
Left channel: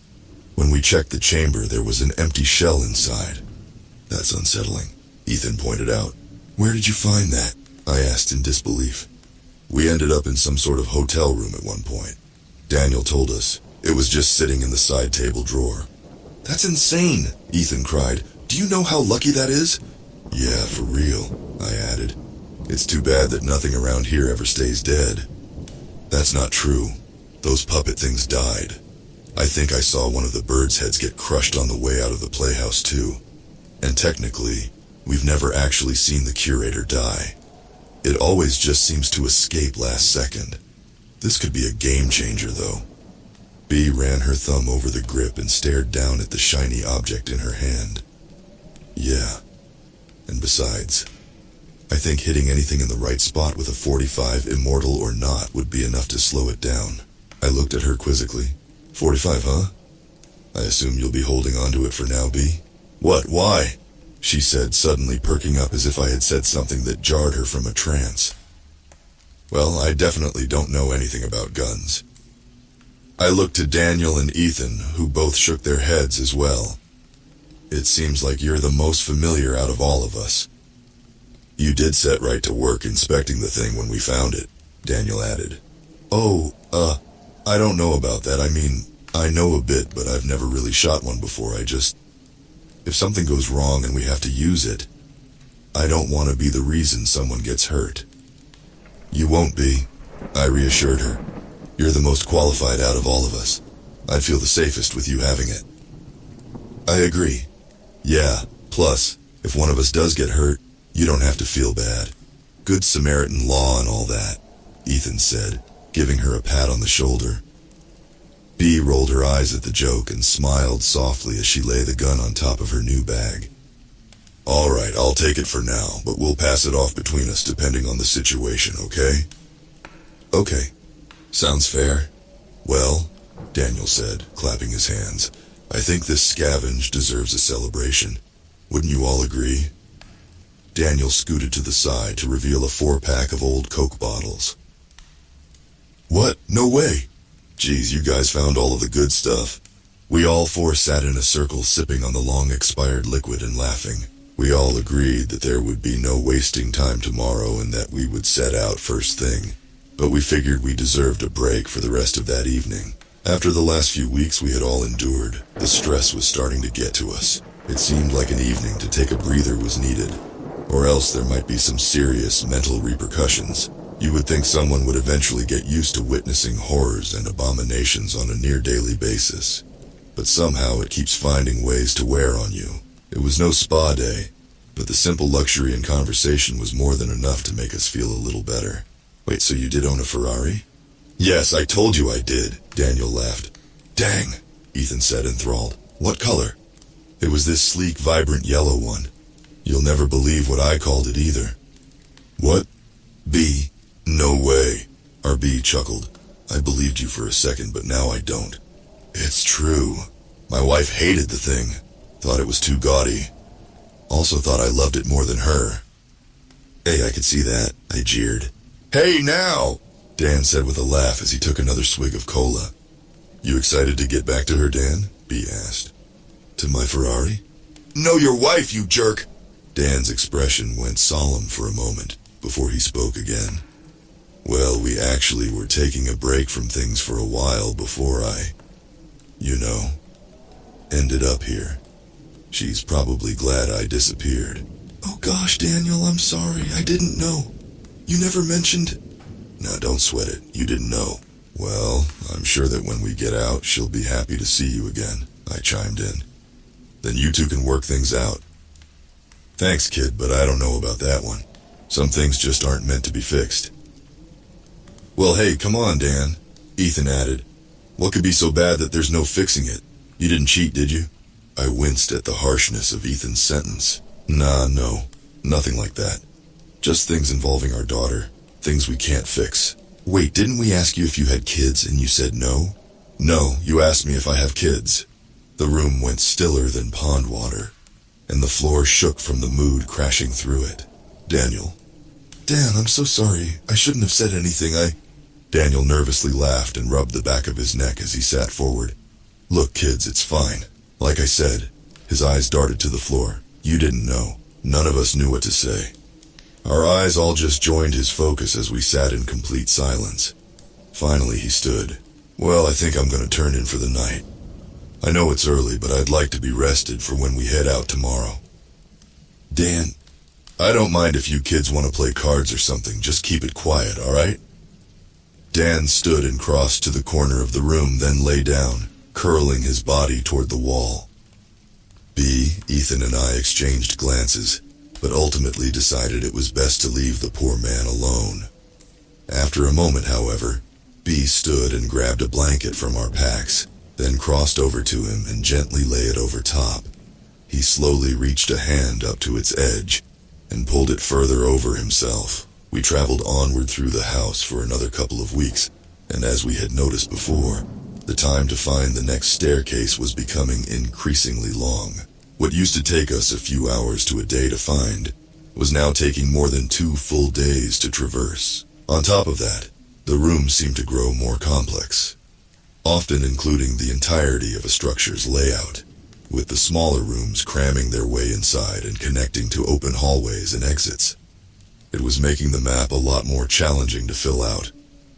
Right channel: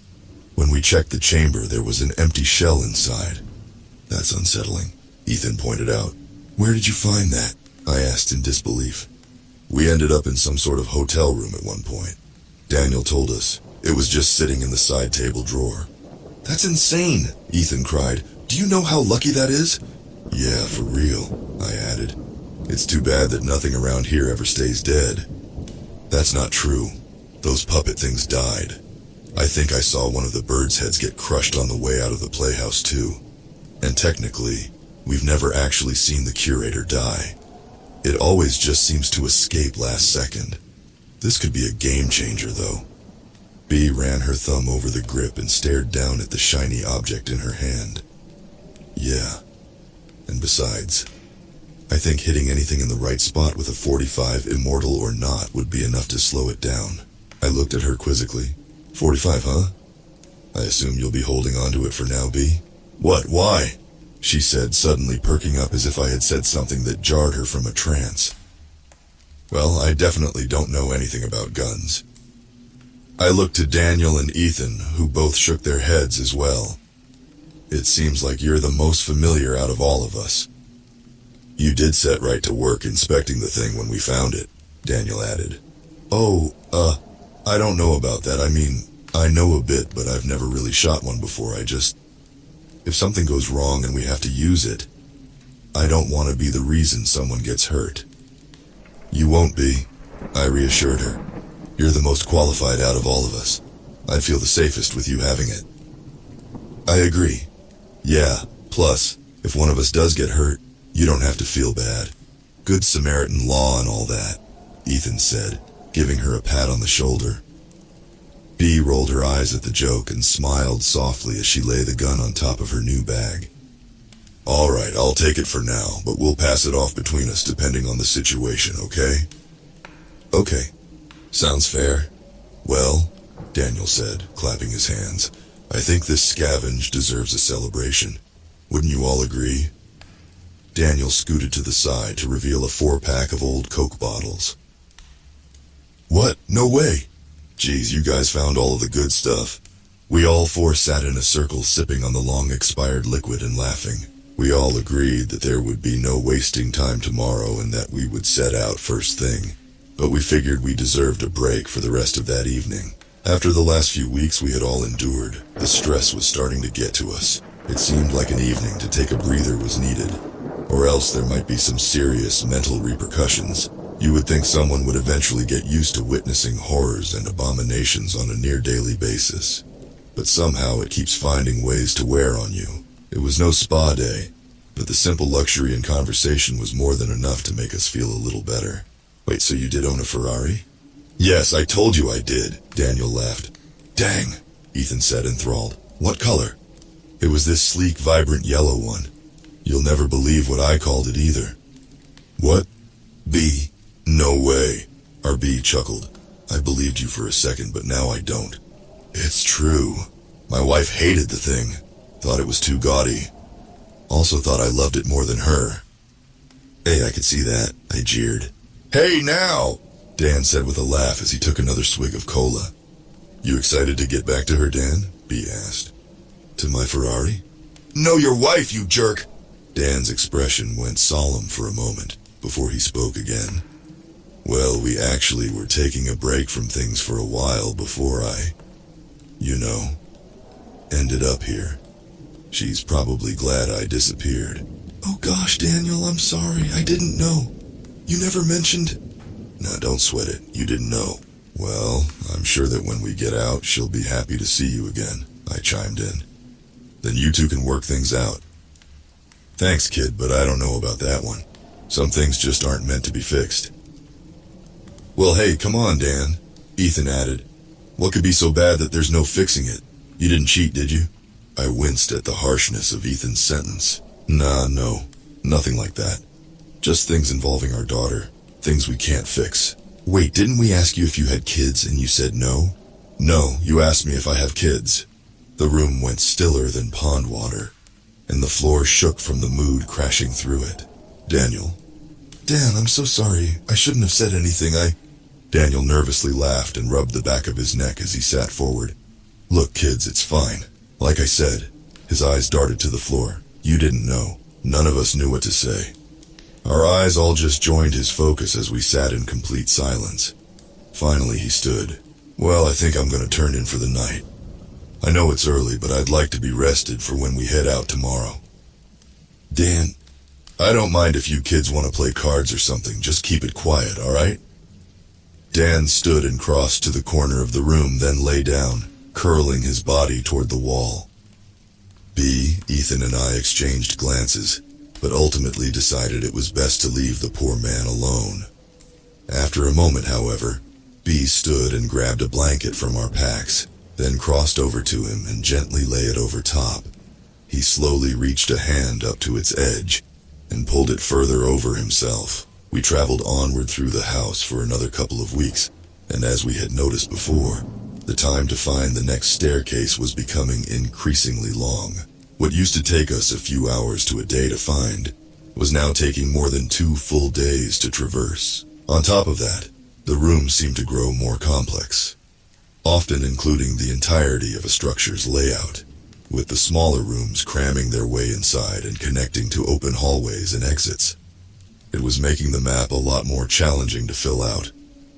When we checked the chamber, there was an empty shell inside. "That's unsettling," Ethan pointed out. "Where did you find that?" I asked in disbelief. "We ended up in some sort of hotel room at one point. Daniel told us. It was just sitting in the side table drawer." "That's insane," Ethan cried. "Do you know how lucky that is?" "Yeah, for real," I added. "It's too bad that nothing around here ever stays dead." "That's not true. Those puppet things died. I think I saw one of the birds' heads get crushed on the way out of the playhouse too. And technically, we've never actually seen the curator die. It always just seems to escape last second. This could be a game changer, though." B ran her thumb over the grip and stared down at the shiny object in her hand. "Yeah. And besides, I think hitting anything in the right spot with a .45, immortal or not, would be enough to slow it down." I looked at her quizzically. "45, huh? I assume you'll be holding onto it for now, B?" "What, why?" she said, suddenly perking up as if I had said something that jarred her from a trance. "Well, I definitely don't know anything about guns." I looked to Daniel and Ethan, who both shook their heads as well. It seems like you're the most familiar out of all of us. You did set right to work inspecting the thing when we found it, Daniel added. Oh, I don't know about that. I mean, I know a bit, but I've never really shot one before. If something goes wrong and we have to use it, I don't want to be the reason someone gets hurt. You won't be, I reassured her. You're the most qualified out of all of us. I'd feel the safest with you having it. I agree. Yeah, plus, if one of us does get hurt, you don't have to feel bad. Good Samaritan law and all that, Ethan said, giving her a pat on the shoulder. Bea rolled her eyes at the joke and smiled softly as she lay the gun on top of her new bag. All right, I'll take it for now, but we'll pass it off between us depending on the situation, okay? Okay. Sounds fair. Well, Daniel said, clapping his hands, I think this scavenge deserves a celebration. Wouldn't you all agree? Daniel scooted to the side to reveal a 4-pack of old Coke bottles. What? No way! Geez, you guys found all of the good stuff. We all 4 sat in a circle sipping on the long-expired liquid and laughing. We all agreed that there would be no wasting time tomorrow and that we would set out first thing. But we figured we deserved a break for the rest of that evening. After the last few weeks we had all endured, the stress was starting to get to us. It seemed like an evening to take a breather was needed, or else there might be some serious mental repercussions. You would think someone would eventually get used to witnessing horrors and abominations on a near-daily basis. But somehow it keeps finding ways to wear on you. It was no spa day, but the simple luxury and conversation was more than enough to make us feel a little better. Wait, so you did own a Ferrari? Yes, I told you I did, Daniel laughed. Dang, Ethan said enthralled. What color? It was this sleek, vibrant yellow one. You'll never believe what I called it either. What? Bea? No way. RB chuckled. I believed you for a second, but now I don't. It's true. My wife hated the thing. Thought it was too gaudy. Also thought I loved it more than her. Hey, I could see that, I jeered. Hey now, Dan said with a laugh as he took another swig of cola. You excited to get back to her, Dan? Bea asked. To my Ferrari? No, your wife, you jerk! Dan's expression went solemn for a moment before he spoke again. Well, we actually were taking a break from things for a while before I, ended up here. She's probably glad I disappeared. Oh gosh, Daniel, I'm sorry. I didn't know. You never mentioned... Now, don't sweat it. You didn't know. Well, I'm sure that when we get out, she'll be happy to see you again, I chimed in. Then you two can work things out. Thanks, kid, but I don't know about that one. Some things just aren't meant to be fixed. Well, hey, come on, Dan, Ethan added. What could be so bad that there's no fixing it? You didn't cheat, did you? I winced at the harshness of Ethan's sentence. Nah, no, nothing like that. Just things involving our daughter. Things we can't fix. Wait, didn't we ask you if you had kids and you said no? No, you asked me if I have kids. The room went stiller than pond water, and the floor shook from the mood crashing through it. Daniel. Dan, I'm so sorry. I shouldn't have said anything. Daniel nervously laughed and rubbed the back of his neck as he sat forward. Look, kids, it's fine. Like I said, his eyes darted to the floor. You didn't know. None of us knew what to say. Our eyes all just joined his focus as we sat in complete silence. Finally, he stood. Well, I think I'm going to turn in for the night. I know it's early, but I'd like to be rested for when we head out tomorrow. Dan, I don't mind if you kids want to play cards or something. Just keep it quiet, all right? Dan stood and crossed to the corner of the room, then lay down, curling his body toward the wall. Bea, Ethan, and I exchanged glances, but ultimately decided it was best to leave the poor man alone. After a moment, however, Bea stood and grabbed a blanket from our packs, then crossed over to him and gently lay it over top. He slowly reached a hand up to its edge and pulled it further over himself. We traveled onward through the house for another couple of weeks, and as we had noticed before, the time to find the next staircase was becoming increasingly long. What used to take us a few hours to a day to find was now taking more than 2 full days to traverse. On top of that, the rooms seemed to grow more complex. often including the entirety of a structure's layout, with the smaller rooms cramming their way inside and connecting to open hallways and exits. It was making the map a lot more challenging to fill out,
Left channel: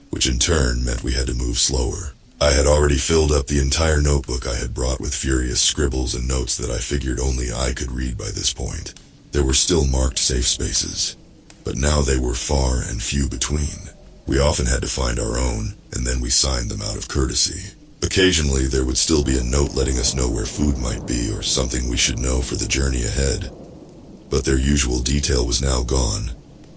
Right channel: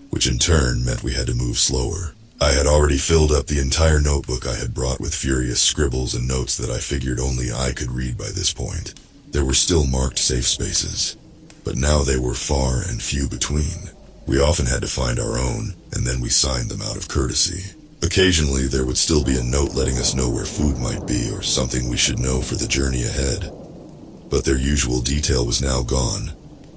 which in turn meant we had to move slower. I had already filled up the entire notebook I had brought with furious scribbles and notes that I figured only I could read by this point. There were still marked safe spaces, but now they were far and few between. We often had to find our own, and then we signed them out of courtesy. Occasionally, there would still be a note letting us know where food might be or something we should know for the journey ahead. But their usual detail was now gone,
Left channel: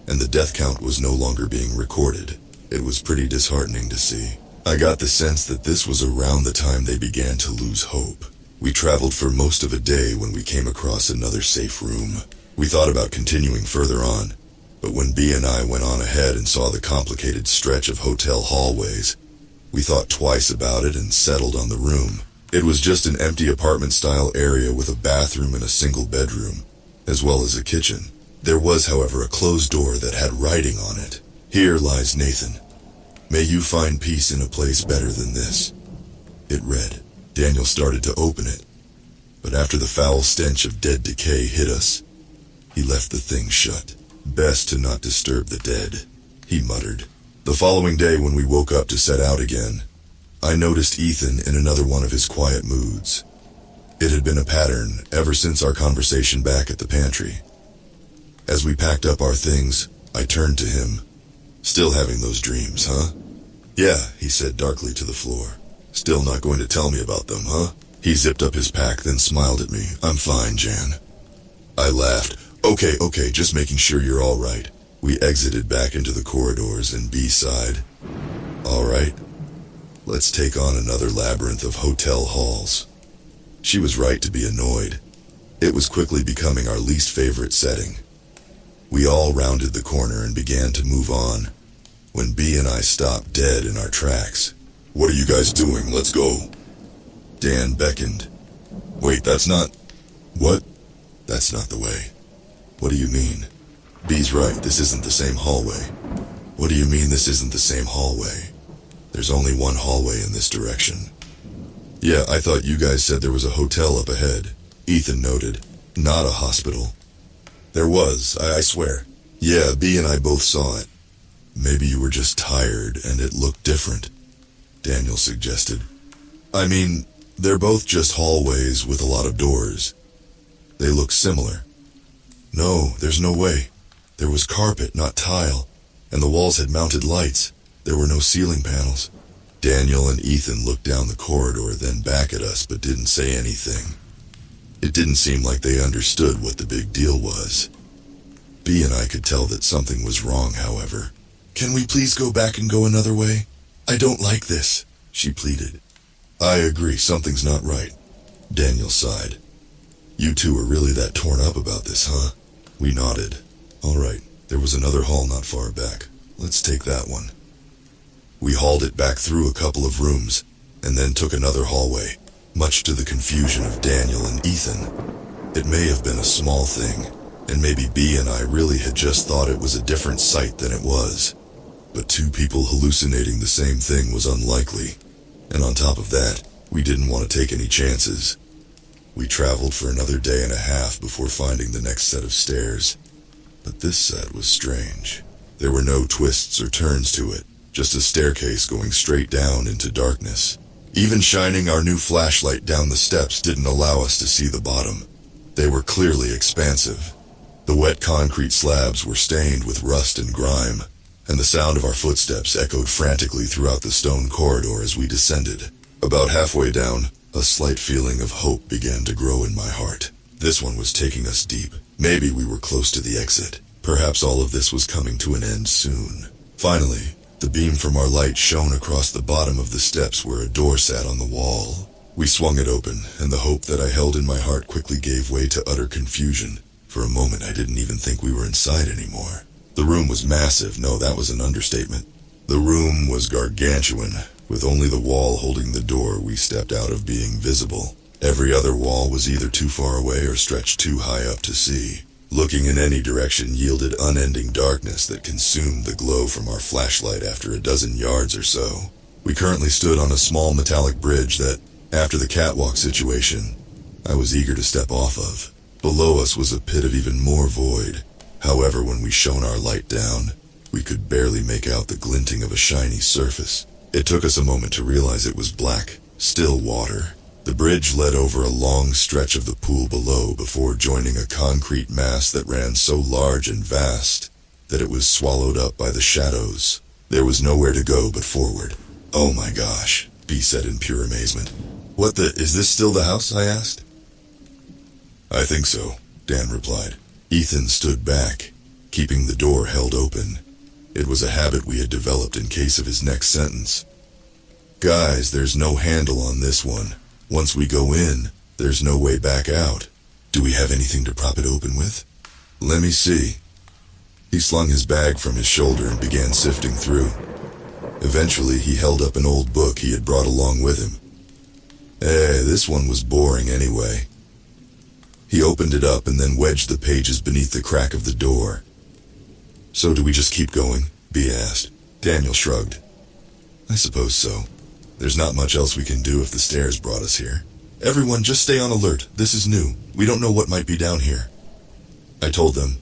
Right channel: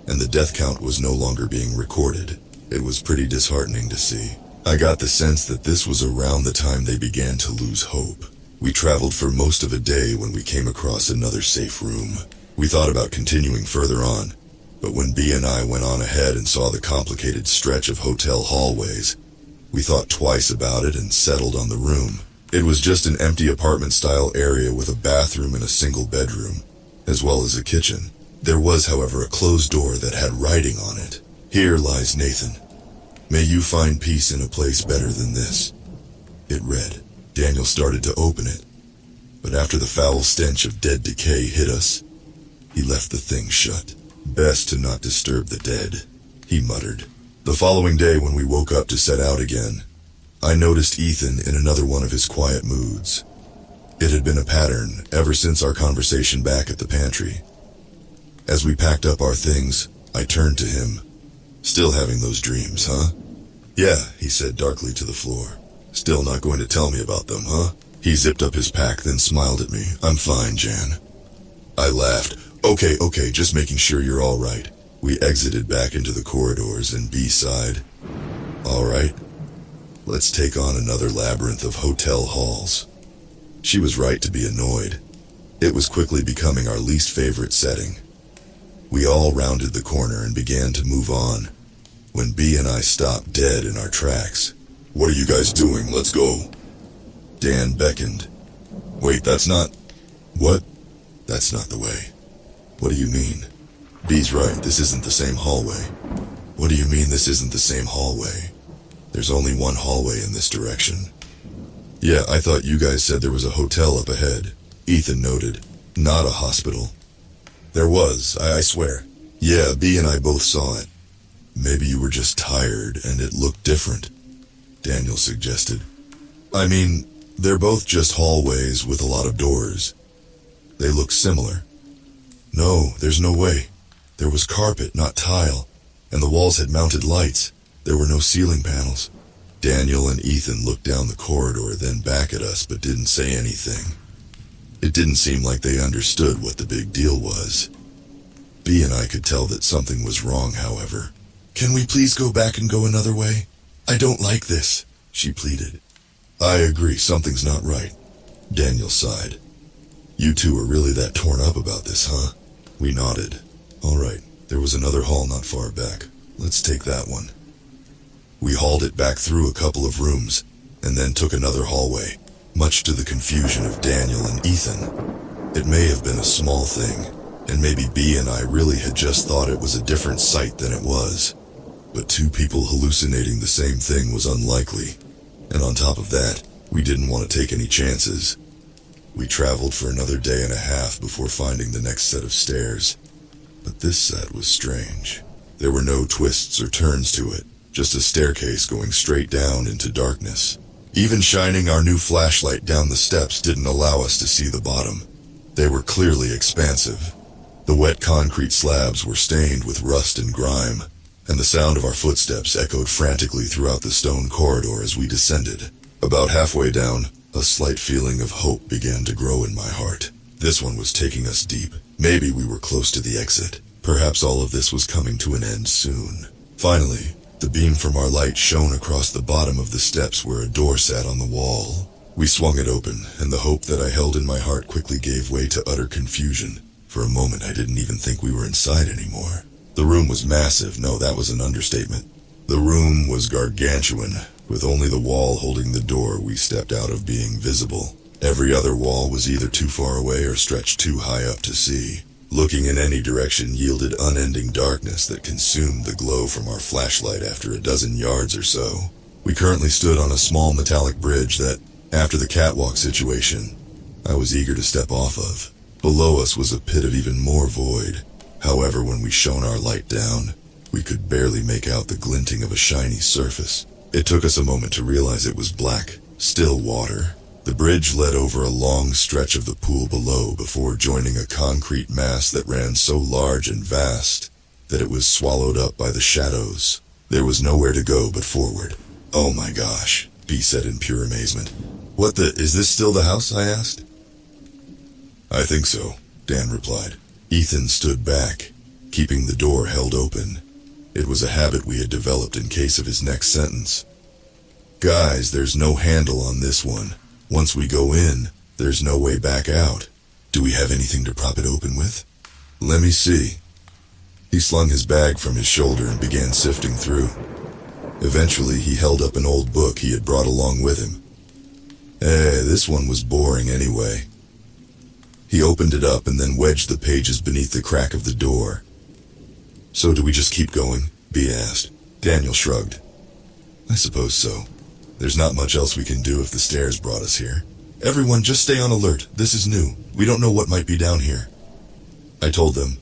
and the death count was no longer being recorded. It was pretty disheartening to see. I got the sense that this was around the time they began to lose hope. We traveled for most of a day when we came across another safe room. We thought about continuing further on, but when B and I went on ahead and saw the complicated stretch of hotel hallways, we thought twice about it and settled on the room. It was just an empty apartment-style area with a bathroom and a single bedroom, as well as a kitchen. There was, however, a closed door that had writing on it. "Here lies Nathan. May you find peace in a place better than this." It read. Daniel started to open it, but after the foul stench of dead decay hit us, he left the thing shut. "Best to not disturb the dead," he muttered. The following day when we woke up to set out again, I noticed Ethan in another one of his quiet moods. It had been a pattern ever since our conversation back at the pantry. As we packed up our things, I turned to him. "Still having those dreams, huh?" "Yeah," he said darkly to the floor. "Still not going to tell me about them, huh?" He zipped up his pack, then smiled at me. "I'm fine, Jan." I laughed. Okay, just making sure you're all right." We exited back into the corridors and B sighed. "All right, let's take on another labyrinth of hotel halls." She was right to be annoyed. It was quickly becoming our least favorite setting. We all rounded the corner and began to move on, when B and I stopped dead in our tracks. "What are you guys doing? Let's go." Dan beckoned. "Wait, that's not..." "What?" "That's not the way." "What do you mean?" "B's right, this isn't the same hallway." "What do you mean this isn't the same hallway? There's only one hallway in this direction." "Yeah, I thought you guys said there was a hotel up ahead," Ethan noted. "Not a hospital." "There was, I swear." "Yeah, B and I both saw it." "Maybe you were just tired and it looked different," Daniel suggested. "I mean, they're both just hallways with a lot of doors. They look similar." "No, there's no way. There was carpet, not tile, and the walls had mounted lights. There were no ceiling panels." Daniel and Ethan looked down the corridor, then back at us, but didn't say anything. It didn't seem like they understood what the big deal was. B and I could tell that something was wrong, however. "Can we please go back and go another way? I don't like this," she pleaded. "I agree, something's not right," Daniel sighed. "You two are really that torn up about this, huh?" We nodded. "All right, there was another hall not far back. Let's take that one." We hauled it back through a couple of rooms, and then took another hallway, much to the confusion of Daniel and Ethan. It may have been a small thing, and maybe B and I really had just thought it was a different site than it was. But two people hallucinating the same thing was unlikely, and on top of that, we didn't want to take any chances. We traveled for another day and a half before finding the next set of stairs. But this set was strange. There were no twists or turns to it, just a staircase going straight down into darkness. Even shining our new flashlight down the steps didn't allow us to see the bottom. They were clearly expansive. The wet concrete slabs were stained with rust and grime, and the sound of our footsteps echoed frantically throughout the stone corridor as we descended. About halfway down, a slight feeling of hope began to grow in my heart. This one was taking us deep. Maybe we were close to the exit. Perhaps all of this was coming to an end soon. Finally, the beam from our light shone across the bottom of the steps where a door sat on the wall. We swung it open, and the hope that I held in my heart quickly gave way to utter confusion. For a moment, I didn't even think we were inside anymore. The room was massive. No, that was an understatement. The room was gargantuan, with only the wall holding the door we stepped out of being visible. Every other wall was either too far away or stretched too high up to see. Looking in any direction yielded unending darkness that consumed the glow from our flashlight after a dozen yards or so. We currently stood on a small metallic bridge that, after the catwalk situation, I was eager to step off of. Below us was a pit of even more void. However, when we shone our light down, we could barely make out the glinting of a shiny surface. It took us a moment to realize it was black, still water. The bridge led over a long stretch of the pool below before joining a concrete mass that ran so large and vast that it was swallowed up by the shadows. There was nowhere to go but forward. "Oh my gosh," B said in pure amazement. Is this still the house?" I asked. "I think so," Dan replied. Ethan stood back, keeping the door held open. It was a habit we had developed in case of his next sentence. "Guys, there's no handle on this one. Once we go in, there's no way back out. Do we have anything to prop it open with?" "Let me see." He slung his bag from his shoulder and began sifting through. Eventually, he held up an old book he had brought along with him. This one was boring anyway. He opened it up and then wedged the pages beneath the crack of the door. "So do we just keep going?" B asked. Daniel shrugged. "I suppose so. There's not much else we can do if the stairs brought us here. Everyone, just stay on alert. This is new. We don't know what might be down here," I told them.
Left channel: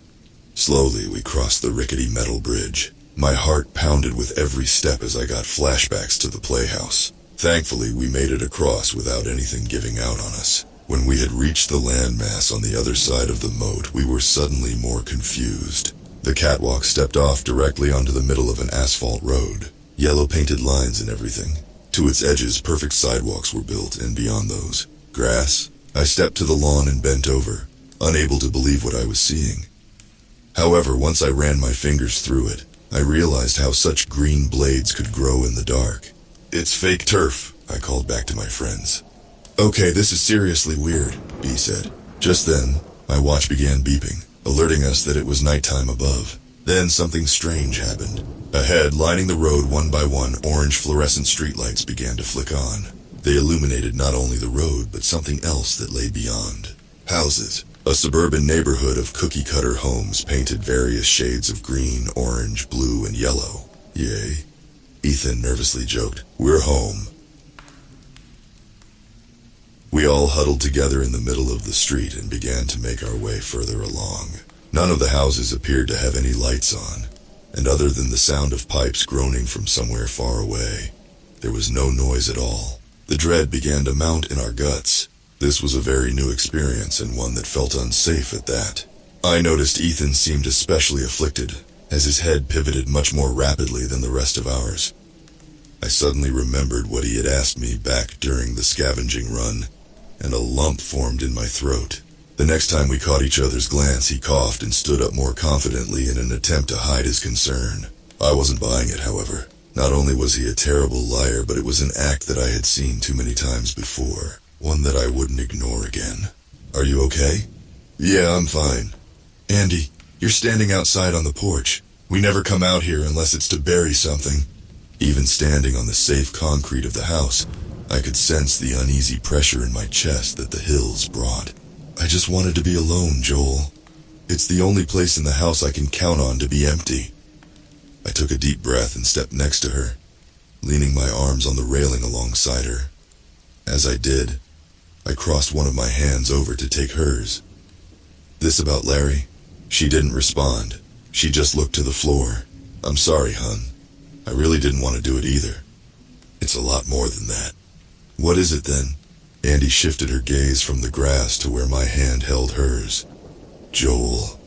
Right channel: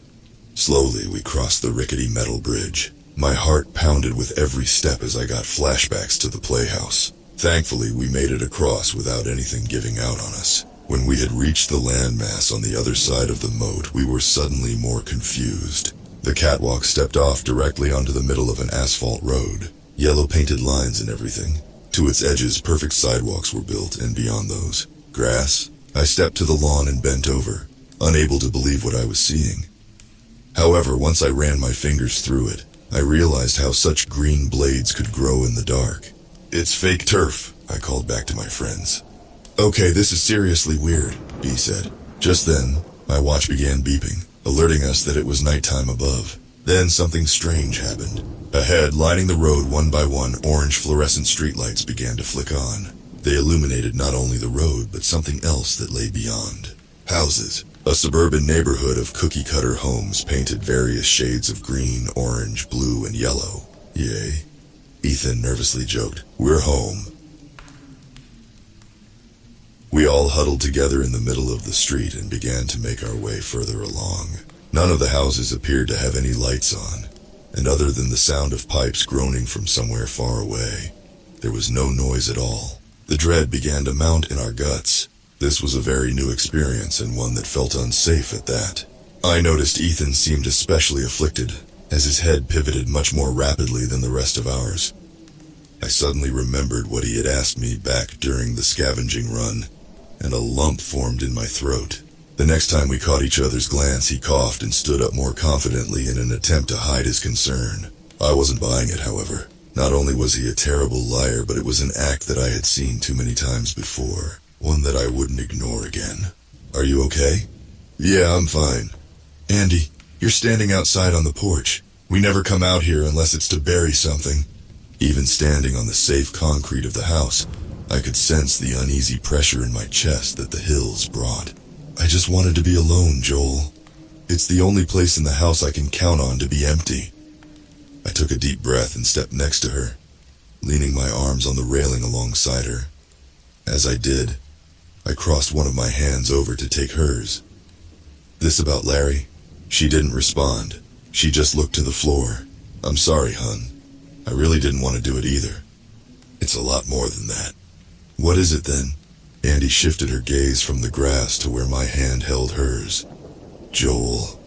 Slowly, we crossed the rickety metal bridge. My heart pounded with every step as I got flashbacks to the playhouse. Thankfully, we made it across without anything giving out on us. When we had reached the landmass on the other side of the moat, we were suddenly more confused. The catwalk stepped off directly onto the middle of an asphalt road. Yellow painted lines and everything. To its edges, perfect sidewalks were built, and beyond those, grass. I stepped to the lawn and bent over, unable to believe what I was seeing. However, once I ran my fingers through it, I realized how such green blades could grow in the dark. "It's fake turf," I called back to my friends. "Okay, this is seriously weird," B said. Just then, my watch began beeping, alerting us that it was nighttime above. Then something strange happened. Ahead, lining the road one by one, orange fluorescent streetlights began to flick on. They illuminated not only the road, but something else that lay beyond. Houses. A suburban neighborhood of cookie-cutter homes painted various shades of green, orange, blue, and yellow. "Yay," Ethan nervously joked. "We're home." We all huddled together in the middle of the street and began to make our way further along. None of the houses appeared to have any lights on, and other than the sound of pipes groaning from somewhere far away, there was no noise at all. The dread began to mount in our guts. This was a very new experience, and one that felt unsafe at that. I noticed Ethan seemed especially afflicted, as his head pivoted much more rapidly than the rest of ours. I suddenly remembered what he had asked me back during the scavenging run, and a lump formed in my throat. The next time we caught each other's glance, he coughed and stood up more confidently in an attempt to hide his concern. I wasn't buying it, however. Not only was he a terrible liar, but it was an act that I had seen too many times before. One that I wouldn't ignore again. "Are you okay?" "Yeah, I'm fine." "Andy, you're standing outside on the porch. We never come out here unless it's to bury something." Even standing on the safe concrete of the house, I could sense the uneasy pressure in my chest that the hills brought. "I just wanted to be alone, Joel. It's the only place in the house I can count on to be empty." I took a deep breath and stepped next to her, leaning my arms on the railing alongside her. As I did, I crossed one of my hands over to take hers. "This about Larry?" She didn't respond. She just looked to the floor. "I'm sorry, hon. I really didn't want to do it either. It's a lot more than that." "What is it then?" Andy shifted her gaze from the grass to where my hand held hers. "Joel,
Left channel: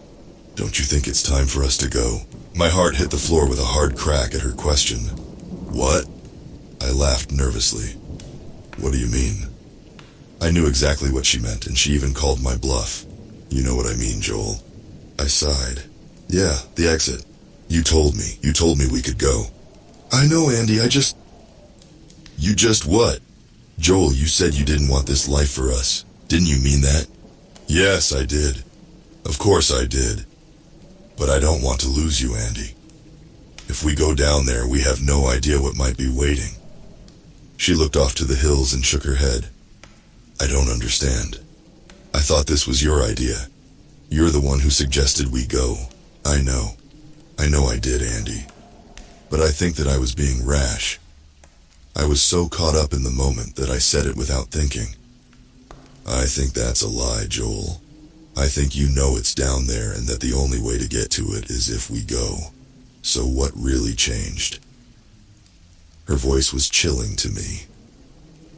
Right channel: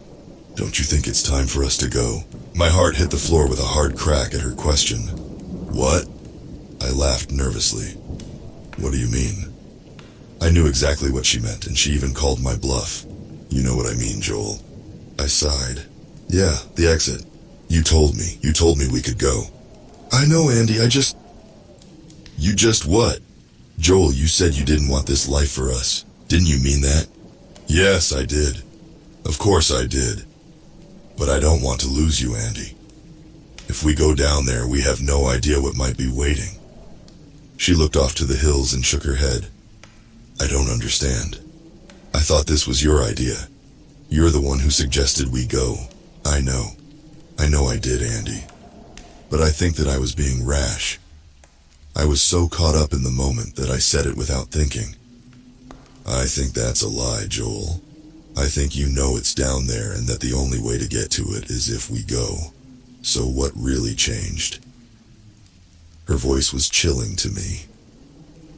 don't you think it's time for us to go?" My heart hit the floor with a hard crack at her question. "What?" I laughed nervously. "What do you mean?" I knew exactly what she meant, and she even called my bluff. "You know what I mean, Joel." I sighed. "Yeah, the exit. You told me we could go." "I know, Andy, You just what? Joel, you said you didn't want this life for us. Didn't you mean that?" "Yes, I did. Of course I did. But I don't want to lose you, Andy. If we go down there, we have no idea what might be waiting." She looked off to the hills and shook her head. "I don't understand. I thought this was your idea. You're the one who suggested we go." I know I did, Andy. But I think that I was being rash. I was so caught up in the moment that I said it without thinking. I think that's a lie, Joel. I think you know it's down there and that the only way to get to it is if we go. So what really changed? Her voice was chilling to me.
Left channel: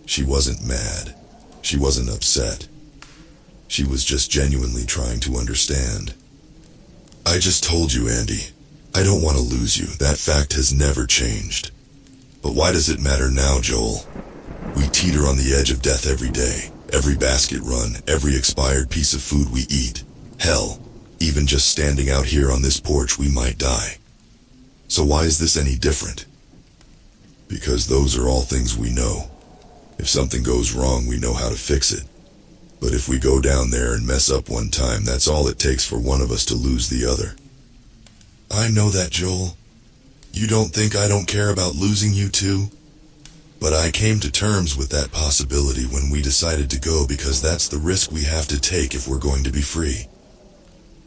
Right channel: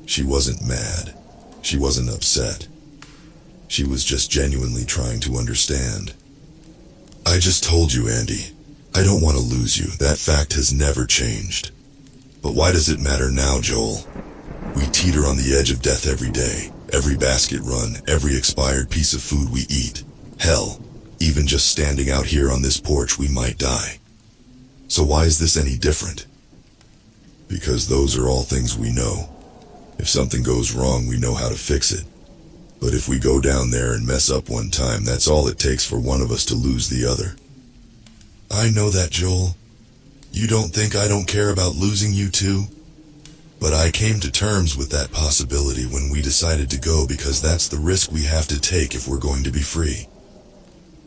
She wasn't mad. She wasn't upset. She was just genuinely trying to understand. I just told you, Andy. I don't want to lose you. That fact has never changed. But why does it matter now, Joel? We teeter on the edge of death every day. Every basket run, every expired piece of food we eat. Hell, even just standing out here on this porch, we might die. So why is this any different? Because those are all things we know. If something goes wrong, we know how to fix it. But if we go down there and mess up one time, that's all it takes for one of us to lose the other. I know that, Joel. You don't think I don't care about losing you too? But I came to terms with that possibility when we decided to go because that's the risk we have to take if we're going to be free.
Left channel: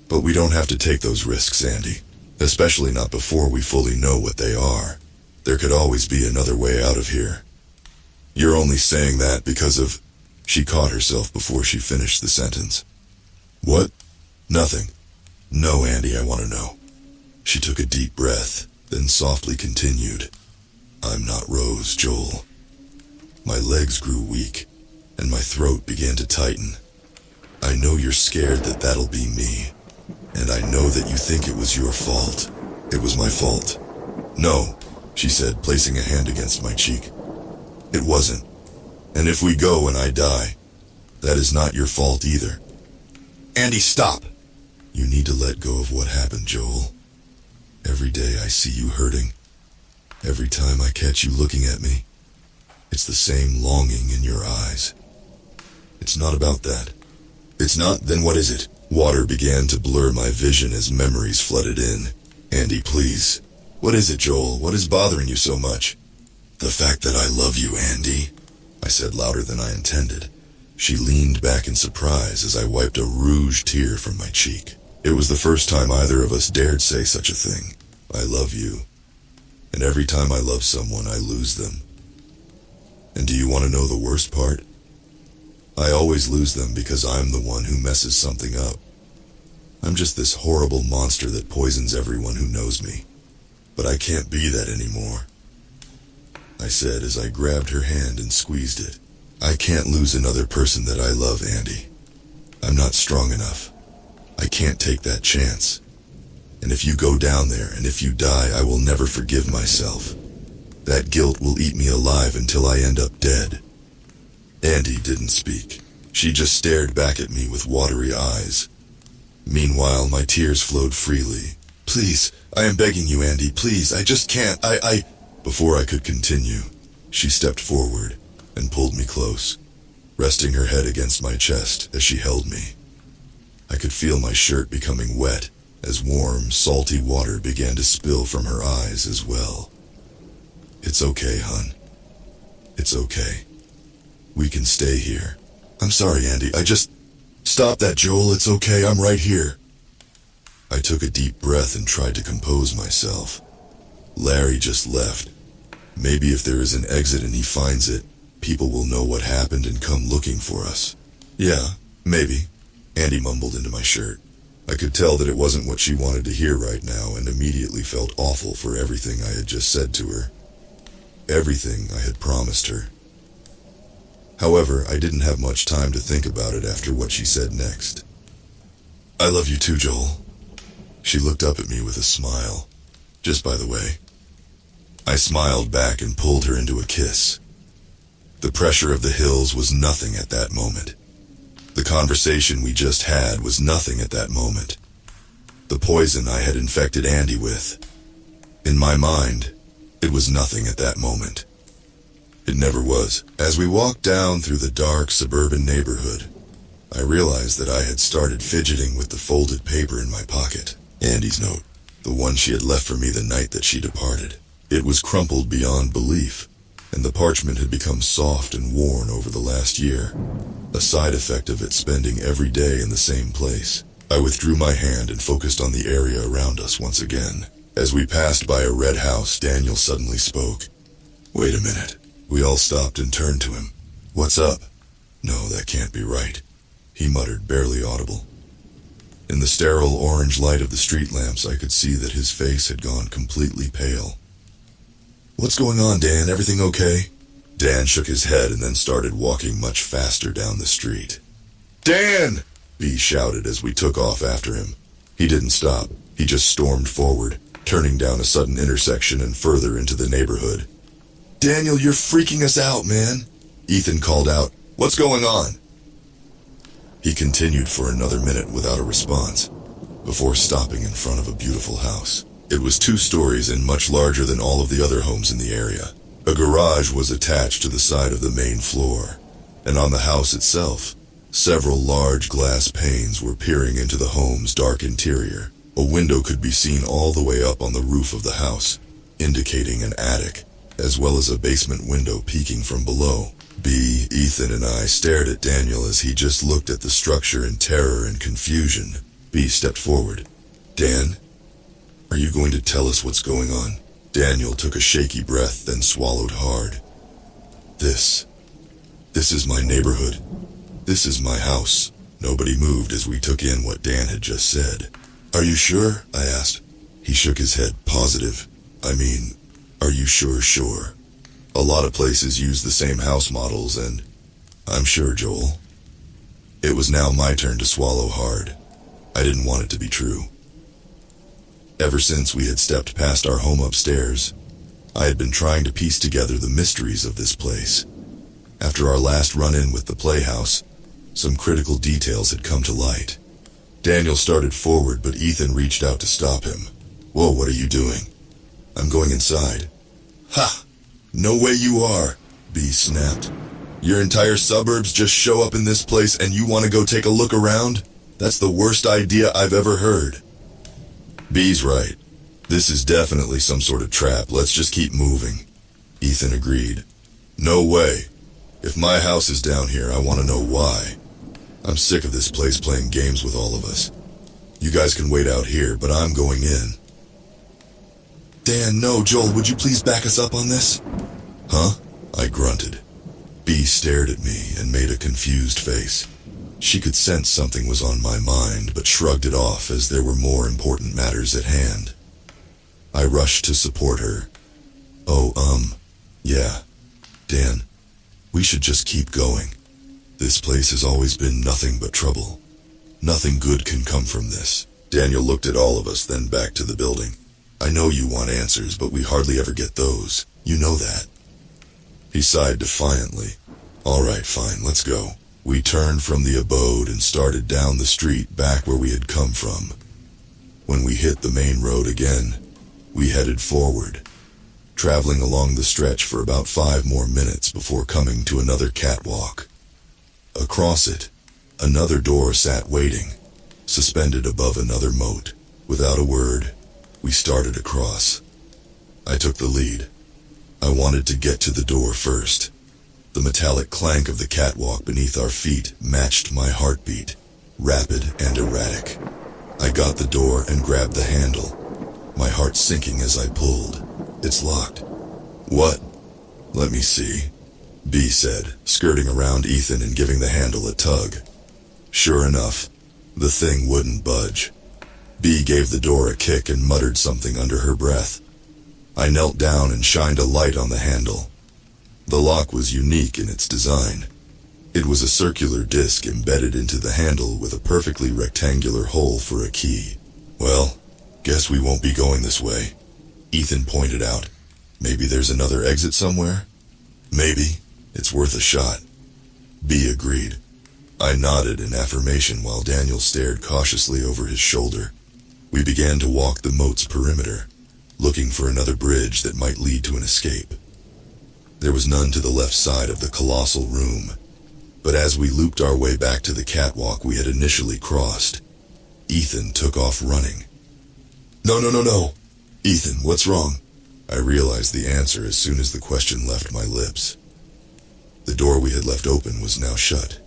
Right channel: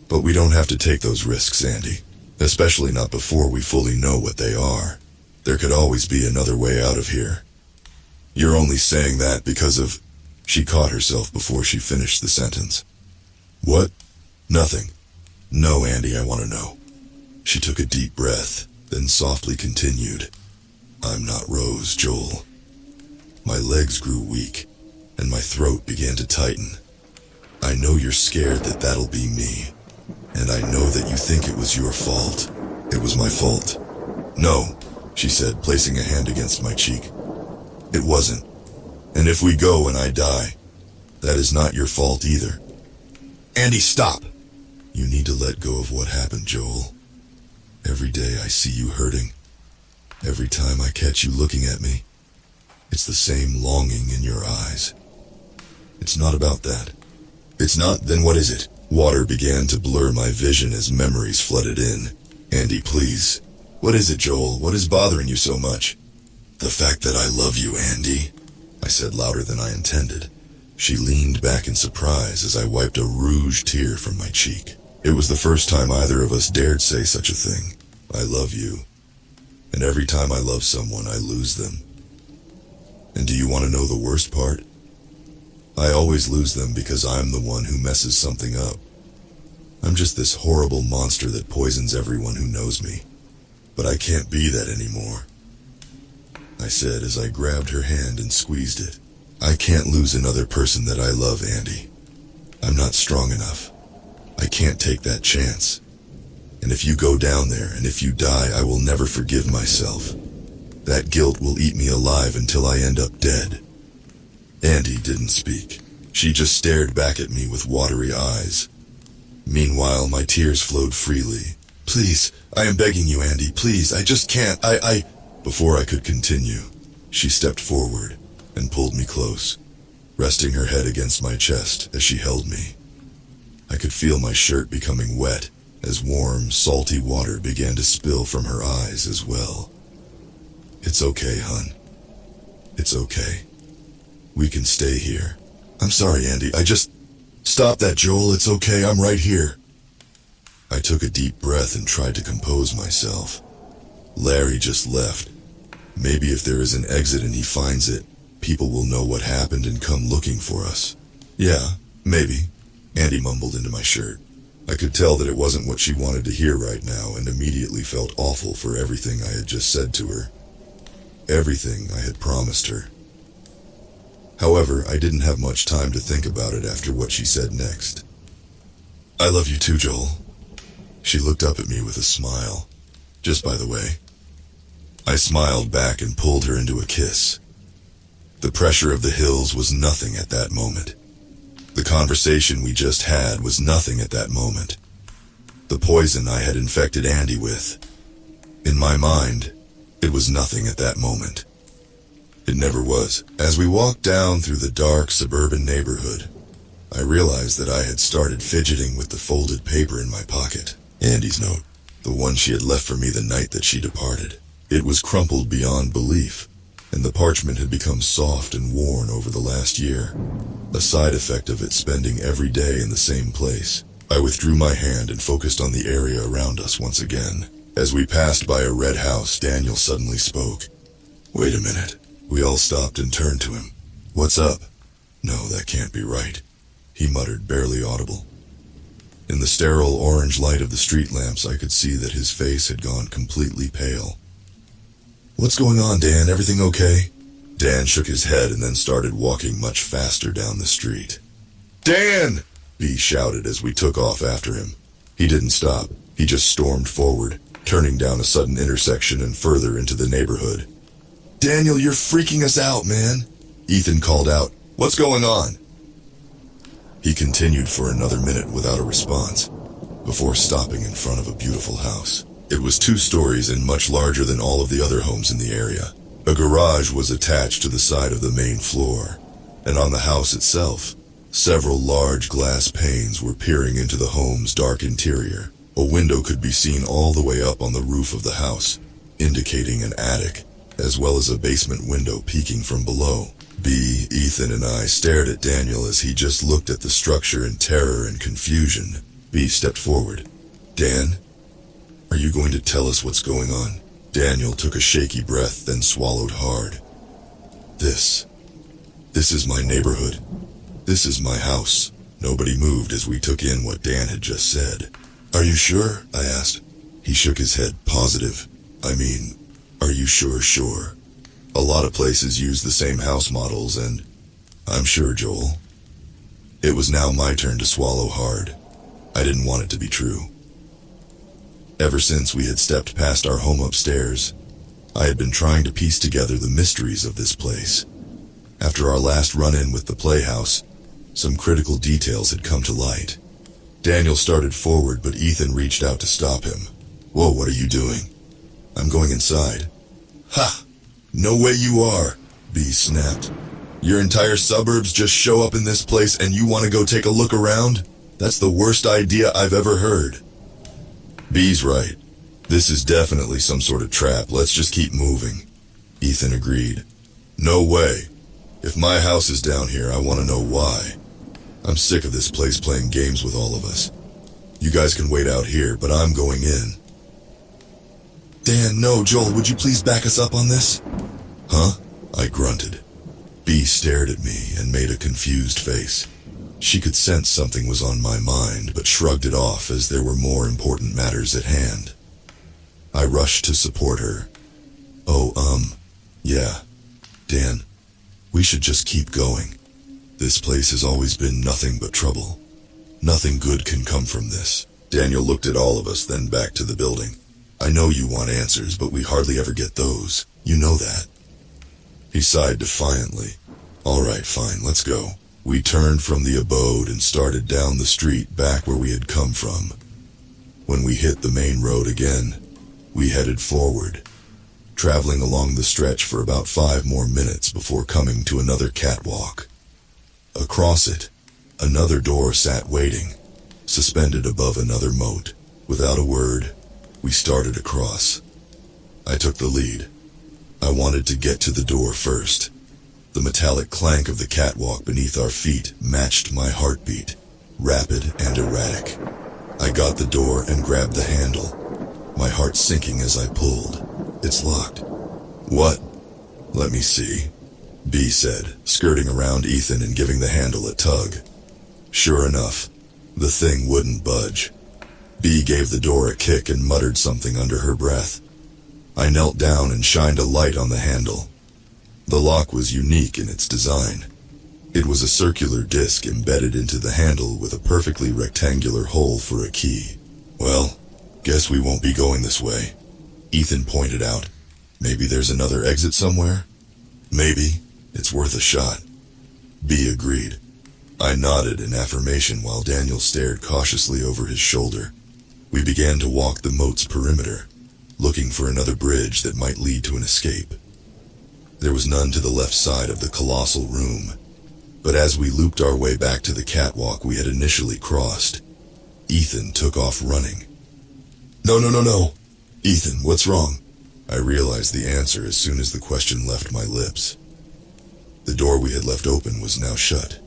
But we don't have to take those risks, Andy. Especially not before we fully know what they are. There could always be another way out of here. You're only saying that because of... She caught herself before she finished the sentence. What? Nothing. No, Andy, I want to know. She took a deep breath, then softly continued. I'm not Rose, Joel. My legs grew weak, and my throat began to tighten. I know you're scared that that'll be me, and I know that you think it was your fault. It was my fault. No, she said, placing a hand against my cheek. It wasn't. And if we go and I die, that is not your fault either. Andy, stop! You need to let go of what happened, Joel. Every day I see you hurting. Every time I catch you looking at me, it's the same longing in your eyes. It's not about that. It's not, then what is it? Water began to blur my vision as memories flooded in. Andy, please. What is it, Joel? What is bothering you so much? The fact that I love you, Andy, I said louder than I intended. She leaned back in surprise as I wiped a rouge tear from my cheek. It was the first time either of us dared say such a thing. I love you. And every time I love someone, I lose them. And do you want to know the worst part? I always lose them because I'm the one who messes something up. I'm just this horrible monster that poisons everyone who knows me. But I can't be that anymore, I said as I grabbed her hand and squeezed it. I can't lose another person that I love, Andy. I'm not strong enough. I can't take that chance. And if you go down there and if you die, I will never forgive myself. That guilt will eat me alive until I end up dead. Andy didn't speak. She just stared back at me with watery eyes. Meanwhile, my tears flowed freely. Please, I am begging you, Andy, please, I just can't, Before I could continue, she stepped forward and pulled me close, resting her head against my chest as she held me. I could feel my shirt becoming wet as warm, salty water began to spill from her eyes as well. It's okay, hon. It's okay. We can stay here. I'm sorry, Andy, Stop that, Joel, it's okay, I'm right here. I took a deep breath and tried to compose myself. Larry just left. Maybe if there is an exit and he finds it, people will know what happened and come looking for us. Yeah, maybe, Andy mumbled into my shirt. I could tell that it wasn't what she wanted to hear right now and immediately felt awful for everything I had just said to her. Everything I had promised her. However, I didn't have much time to think about it after what she said next. I love you too, Joel. She looked up at me with a smile. Just by the way. I smiled back and pulled her into a kiss. The pressure of the hills was nothing at that moment. The conversation we just had was nothing at that moment. The poison I had infected Andy with. In my mind, it was nothing at that moment. It never was. As we walked down through the dark suburban neighborhood, I realized that I had started fidgeting with the folded paper in my pocket. Andy's note, the one she had left for me the night that she departed. It was crumpled beyond belief, and the parchment had become soft and worn over the last year, a side effect of it spending every day in the same place. I withdrew my hand and focused on the area around us once again. As we passed by a red house, Daniel suddenly spoke. Wait a minute. We all stopped and turned to him. "What's up?" "No, that can't be right," he muttered, barely audible. In the sterile orange light of the street lamps, I could see that his face had gone completely pale. "What's going on, Dan? Everything okay?" Dan shook his head and then started walking much faster down the street. "Dan!" B shouted as we took off after him. He didn't stop. He just stormed forward, turning down a sudden intersection and further into the neighborhood. "Daniel, you're freaking us out, man," Ethan called out. "What's going on?" He continued for another minute without a response, before stopping in front of a beautiful house. It was 2 stories and much larger than all of the other homes in the area. A garage was attached to the side of the main floor, and on the house itself, several large glass panes were peering into the home's dark interior. A window could be seen all the way up on the roof of the house, indicating an attic, as well as a basement window peeking from below. B, Ethan, and I stared at Daniel as he just looked at the structure in terror and confusion. B stepped forward. "Dan, are you going to tell us what's going on?" Daniel took a shaky breath, then swallowed hard. This is my neighborhood. This is my house." Nobody moved as we took in what Dan had just said. "Are you sure?" I asked. He shook his head. "Positive. I mean, are you sure? A lot of places use the same house models, and I'm sure, Joel." It was now my turn to swallow hard. I didn't want it to be true. Ever since we had stepped past our home upstairs, I had been trying to piece together the mysteries of this place. After our last run-in with the playhouse, some critical details had come to light. Daniel started forward, but Ethan reached out to stop him. "Whoa, what are you doing?" "I'm going inside." "Ha! No way you are," B snapped. "Your entire suburbs just show up in this place and you want to go take a look around? That's the worst idea I've ever heard." B's right. This is definitely some sort of trap. Let's just keep moving. Ethan agreed. "No way. If my house is down here, I want to know why. I'm sick of this place playing games with all of us. You guys can wait out here, but I'm going in." "Dan, no, Joel, would you please back us up on this?" "Huh?" I grunted. B stared at me and made a confused face. She could sense something was on my mind, but shrugged it off as there were more important matters at hand. I rushed to support her. Yeah. Dan, we should just keep going. This place has always been nothing but trouble. Nothing good can come from this." Daniel looked at all of us, then back to the building. "I know you want answers, but we hardly ever get those. You know that." He sighed defiantly. "All right, fine, let's go." We turned from the abode and started down the street back where we had come from. When we hit the main road again, we headed forward, traveling along the stretch for about 5 more minutes before coming to another catwalk. Across it, another door sat waiting, suspended above another moat. Without a word, we started across. I took the lead. I wanted to get to the door first. The metallic clank of the catwalk beneath our feet matched my heartbeat, rapid and erratic. I got the door and grabbed the handle, my heart sinking as I pulled. "It's locked." "What?" "Let me see," B said, skirting around Ethan and giving the handle a tug. Sure enough, the thing wouldn't budge. B gave the door a kick and muttered something under her breath. I knelt down and shined a light on the handle. The lock was unique in its design. It was a circular disc embedded into the handle with a perfectly rectangular hole for a key. "Well, guess we won't be going this way," Ethan pointed out. "Maybe there's another exit somewhere?" "Maybe. It's worth a shot." B agreed. I nodded in affirmation while Daniel stared cautiously over his shoulder. We began to walk the moat's perimeter, looking for another bridge that might lead to an escape. There was none to the left side of the colossal room, but as we looped our way back to the catwalk we had initially crossed, Ethan took off running. No. Ethan, what's wrong?" I realized the answer as soon as the question left my lips. The door we had left open was now shut.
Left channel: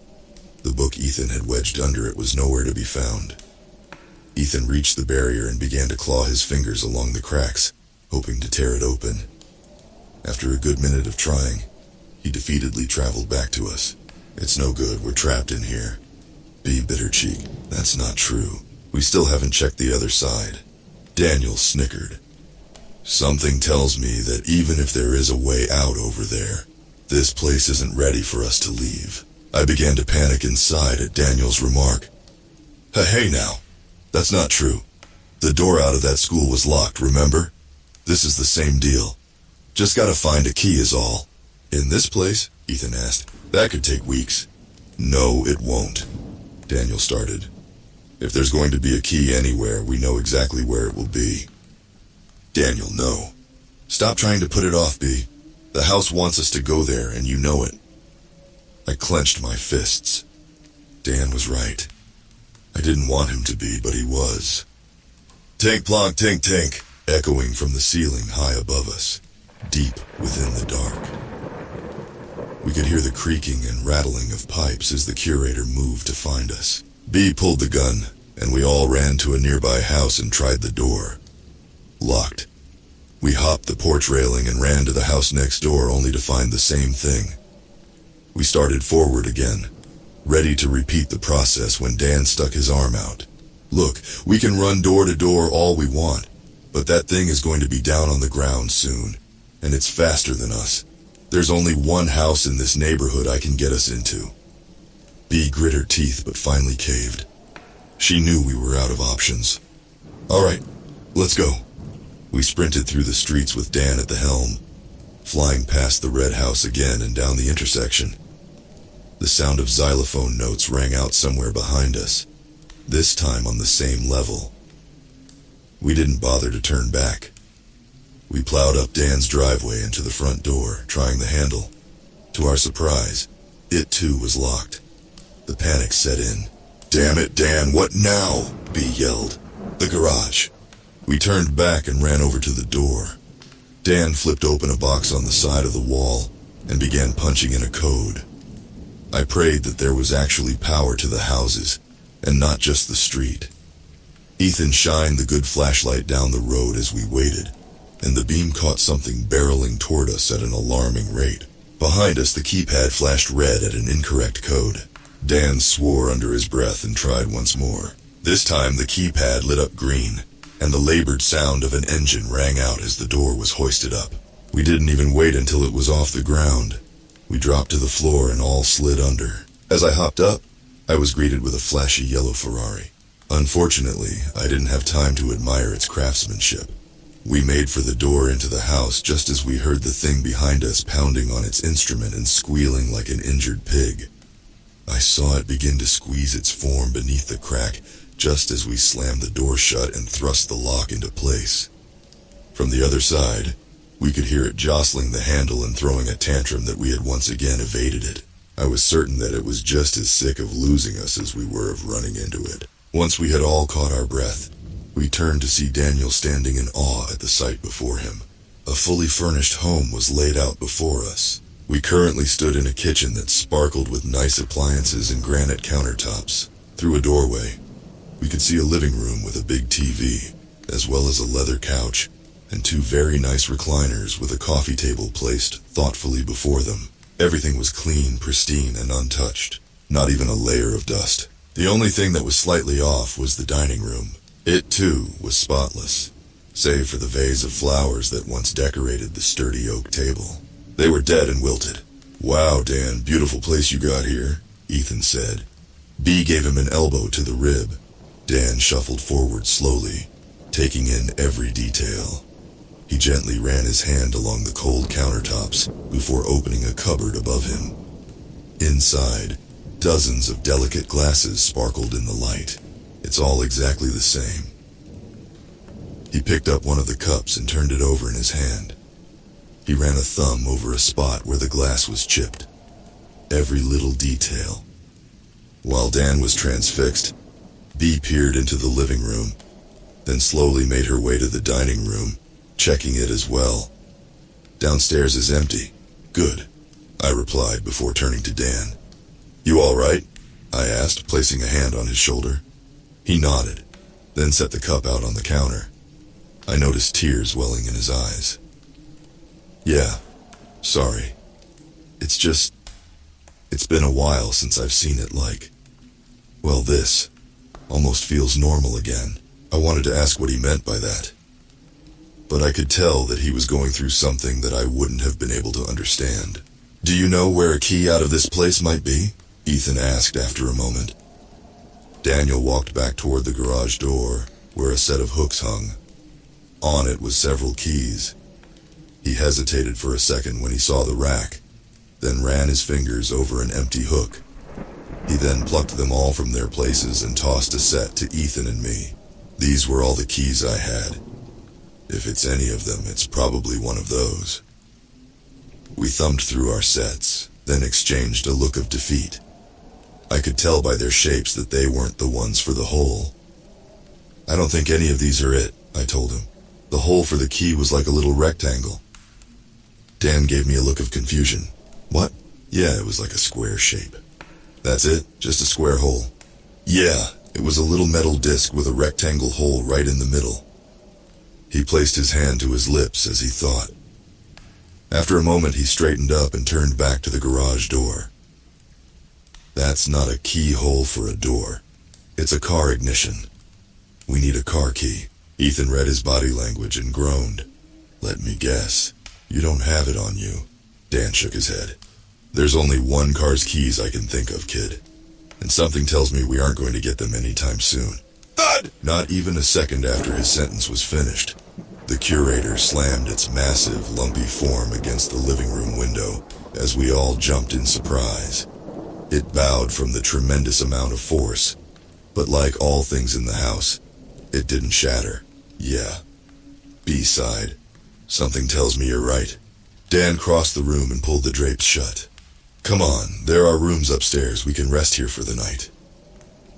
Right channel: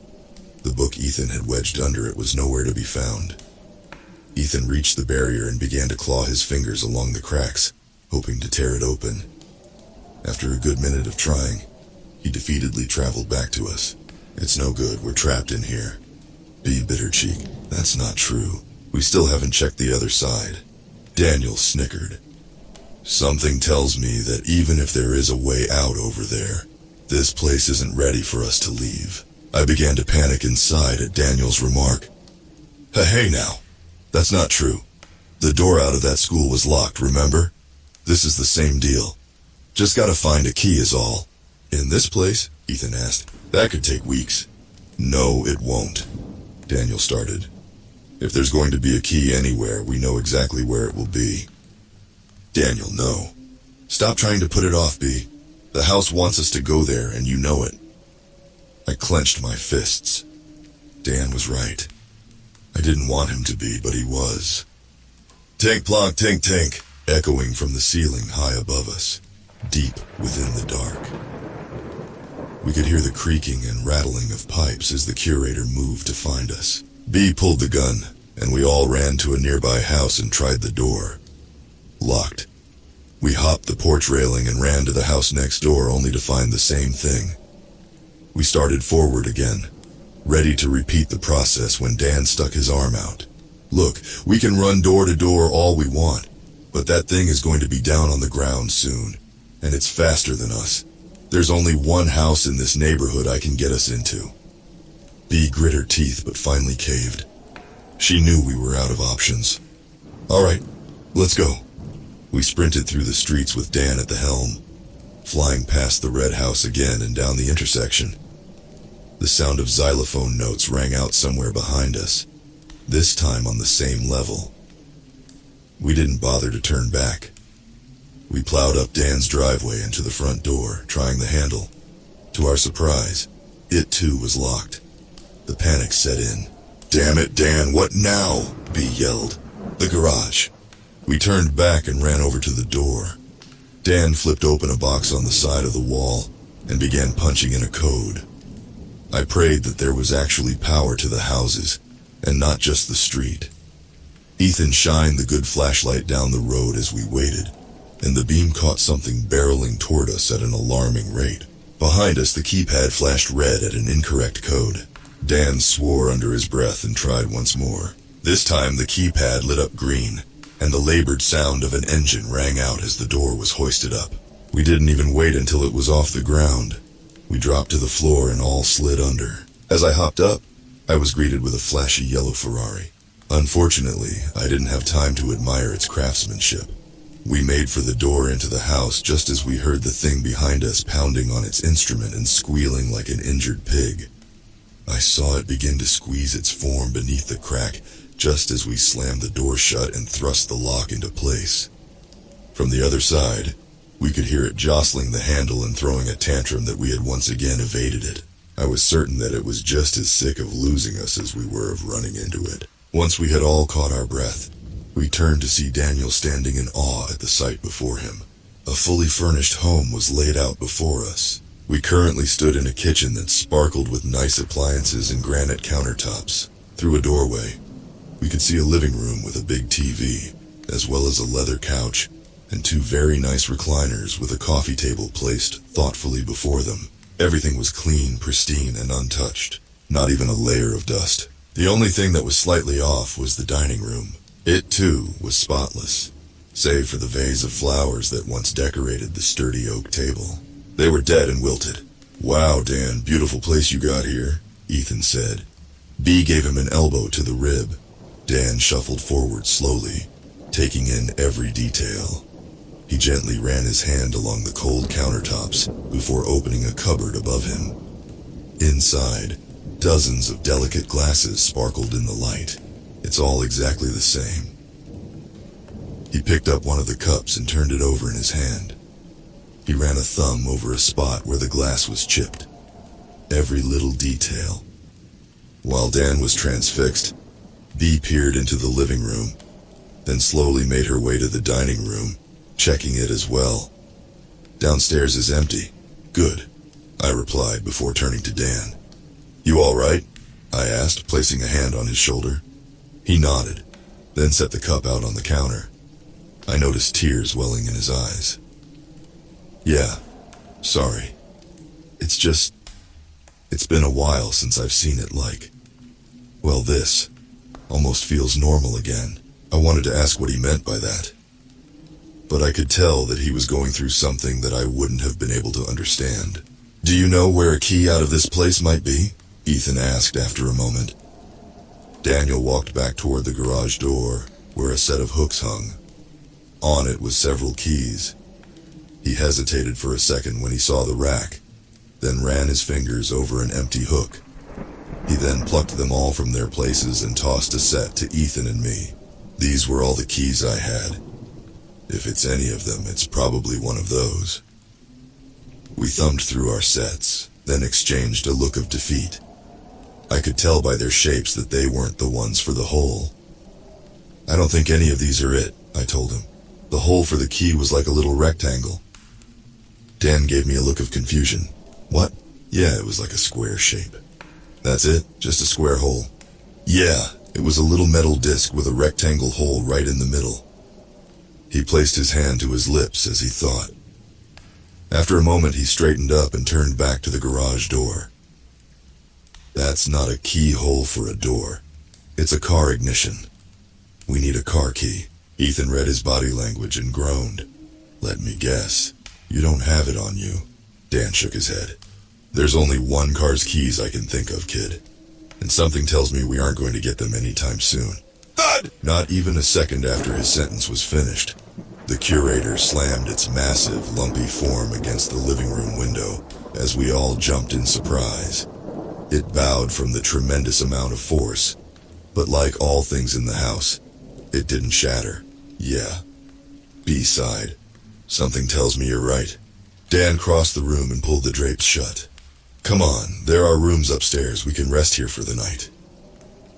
The book Ethan had wedged under it was nowhere to be found. Ethan reached the barrier and began to claw his fingers along the cracks, hoping to tear it open. After a good minute of trying, He defeatedly traveled back to us. It's no good, we're trapped in here. B, bitter cheek. That's not true. We still haven't checked the other side. Daniel snickered. Something tells me that even if there is a way out over there, this place isn't ready for us to leave. I began to panic inside at Daniel's remark. Hey now, that's not true. The door out of that school was locked, remember? This is the same deal. Just gotta find a key is all. In this place? Ethan asked. That could take weeks. No, it won't. Daniel started. If there's going to be a key anywhere, we know exactly where it will be. Daniel, no. Stop trying to put it off, B. The house wants us to go there, and you know it. I clenched my fists. Dan was right. I didn't want him to be, but he was. Tink plonk tink tink, echoing from the ceiling high above us, deep within the dark. We could hear the creaking and rattling of pipes as the curator moved to find us. B pulled the gun, and we all ran to a nearby house and tried the door. Locked. We hopped the porch railing and ran to the house next door only to find the same thing. We started forward again, ready to repeat the process when Dan stuck his arm out. Look, we can run door to door all we want, but that thing is going to be down on the ground soon, and it's faster than us. There's only one house in this neighborhood I can get us into. B grit her teeth but finally caved. She knew we were out of options. All right, let's go. We sprinted through the streets with Dan at the helm, flying past the red house again and down the intersection. The sound of xylophone notes rang out somewhere behind us, this time on the same level. We didn't bother to turn back. We plowed up Dan's driveway into the front door, trying the handle. To our surprise, it too was locked. The panic set in. Damn it, Dan, what now? B yelled. The garage. We turned back and ran over to the door. Dan flipped open a box on the side of the wall and began punching in a code. I prayed that there was actually power to the houses, and not just the street. Ethan shined the good flashlight down the road as we waited, and the beam caught something barreling toward us at an alarming rate. Behind us, the keypad flashed red at an incorrect code. Dan swore under his breath and tried once more. This time, the keypad lit up green, and the labored sound of an engine rang out as the door was hoisted up. We didn't even wait until it was off the ground. We dropped to the floor and all slid under. As I hopped up, I was greeted with a flashy yellow Ferrari. Unfortunately, I didn't have time to admire its craftsmanship. We made for the door into the house just as we heard the thing behind us pounding on its instrument and squealing like an injured pig. I saw it begin to squeeze its form beneath the crack just as we slammed the door shut and thrust the lock into place. From the other side, we could hear it jostling the handle and throwing a tantrum that we had once again evaded it. I was certain that it was just as sick of losing us as we were of running into it. Once we had all caught our breath, we turned to see Daniel standing in awe at the sight before him. A fully furnished home was laid out before us. We currently stood in a kitchen that sparkled with nice appliances and granite countertops. Through a doorway, we could see a living room with a big TV, as well as a leather couch and two very nice recliners with a coffee table placed thoughtfully before them. Everything was clean, pristine, and untouched. Not even a layer of dust. The only thing that was slightly off was the dining room. It, too, was spotless, save for the vase of flowers that once decorated the sturdy oak table. They were dead and wilted. Wow, Dan, beautiful place you got here, Ethan said. B gave him an elbow to the rib. Dan shuffled forward slowly, taking in every detail. He gently ran his hand along the cold countertops before opening a cupboard above him. Inside, dozens of delicate glasses sparkled in the light. It's all exactly the same. He picked up one of the cups and turned it over in his hand. He ran a thumb over a spot where the glass was chipped. Every little detail. While Dan was transfixed, Bee peered into the living room, then slowly made her way to the dining room, checking it as well. Downstairs is empty. Good, I replied before turning to Dan. You all right? I asked, placing a hand on his shoulder. He nodded, then set the cup out on the counter. I noticed tears welling in his eyes. Yeah, sorry. It's been a while since I've seen it well, this almost feels normal again. I wanted to ask what he meant by that, but I could tell that he was going through something that I wouldn't have been able to understand. Do you know where a key out of this place might be? Ethan asked after a moment. Daniel walked back toward the garage door, where a set of hooks hung. On it was several keys. He hesitated for a second when he saw the rack, then ran his fingers over an empty hook. He then plucked them all from their places and tossed a set to Ethan and me. These were all the keys I had. If it's any of them, it's probably one of those. We thumbed through our sets, then exchanged a look of defeat. I could tell by their shapes that they weren't the ones for the hole. I don't think any of these are it, I told him. The hole for the key was like a little rectangle. Dan gave me a look of confusion. What? Yeah, it was like a square shape. That's it? Just a square hole? Yeah, it was a little metal disc with a rectangle hole right in the middle. He placed his hand to his lips as he thought. After a moment, he straightened up and turned back to the garage door. That's not a keyhole for a door. It's a car ignition. We need a car key. Ethan read his body language and groaned. Let me guess. You don't have it on you. Dan shook his head. There's only one car's keys I can think of, kid. And something tells me we aren't going to get them anytime soon. Thud! Not even a second after his sentence was finished, the curator slammed its massive, lumpy form against the living room window as we all jumped in surprise. It bowed from the tremendous amount of force, but like all things in the house, it didn't shatter. Yeah. B sighed. Something tells me you're right. Dan crossed the room and pulled the drapes shut. Come on, there are rooms upstairs. We can rest here for the night.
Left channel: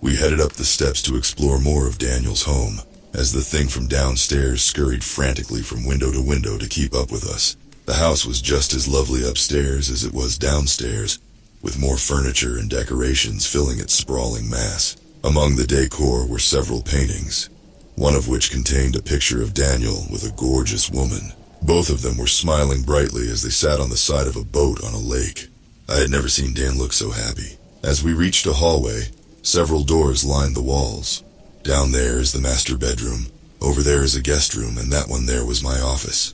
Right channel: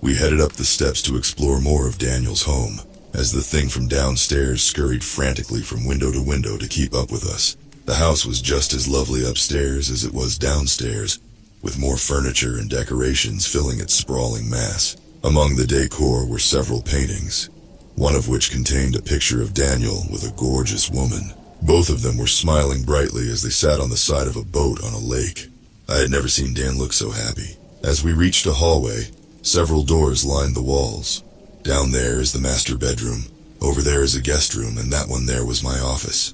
We headed up the steps to explore more of Daniel's home, as the thing from downstairs scurried frantically from window to window to keep up with us. The house was just as lovely upstairs as it was downstairs, with more furniture and decorations filling its sprawling mass. Among the decor were several paintings, one of which contained a picture of Daniel with a gorgeous woman. Both of them were smiling brightly as they sat on the side of a boat on a lake. I had never seen Dan look so happy. As we reached a hallway, several doors lined the walls. Down there is the master bedroom, over there is a guest room, and that one there was my office.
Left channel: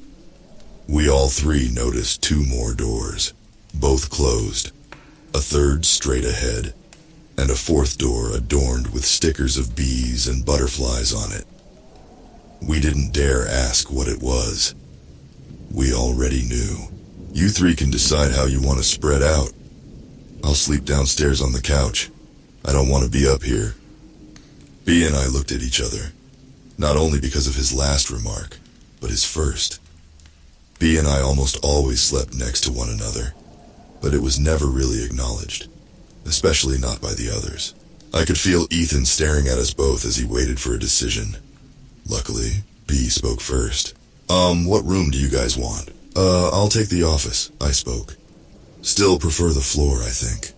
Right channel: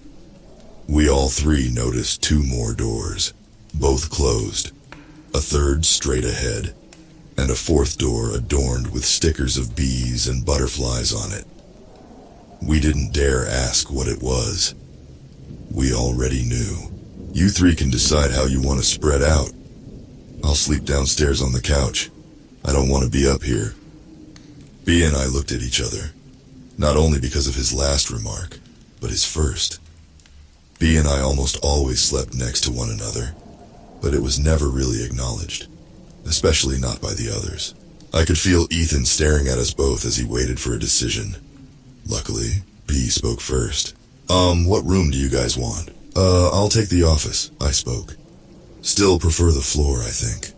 We all three noticed two more doors, both closed, a third straight ahead, and a fourth door adorned with stickers of bees and butterflies on it. We didn't dare ask what it was. We already knew. You three can decide how you want to spread out. I'll sleep downstairs on the couch. I don't want to be up here. B and I looked at each other, not only because of his last remark, but his first. B and I almost always slept next to one another, but it was never really acknowledged, especially not by the others. I could feel Ethan staring at us both as he waited for a decision. Luckily, B spoke first. What room do you guys want? I'll take the office, I spoke. Still prefer the floor, I think.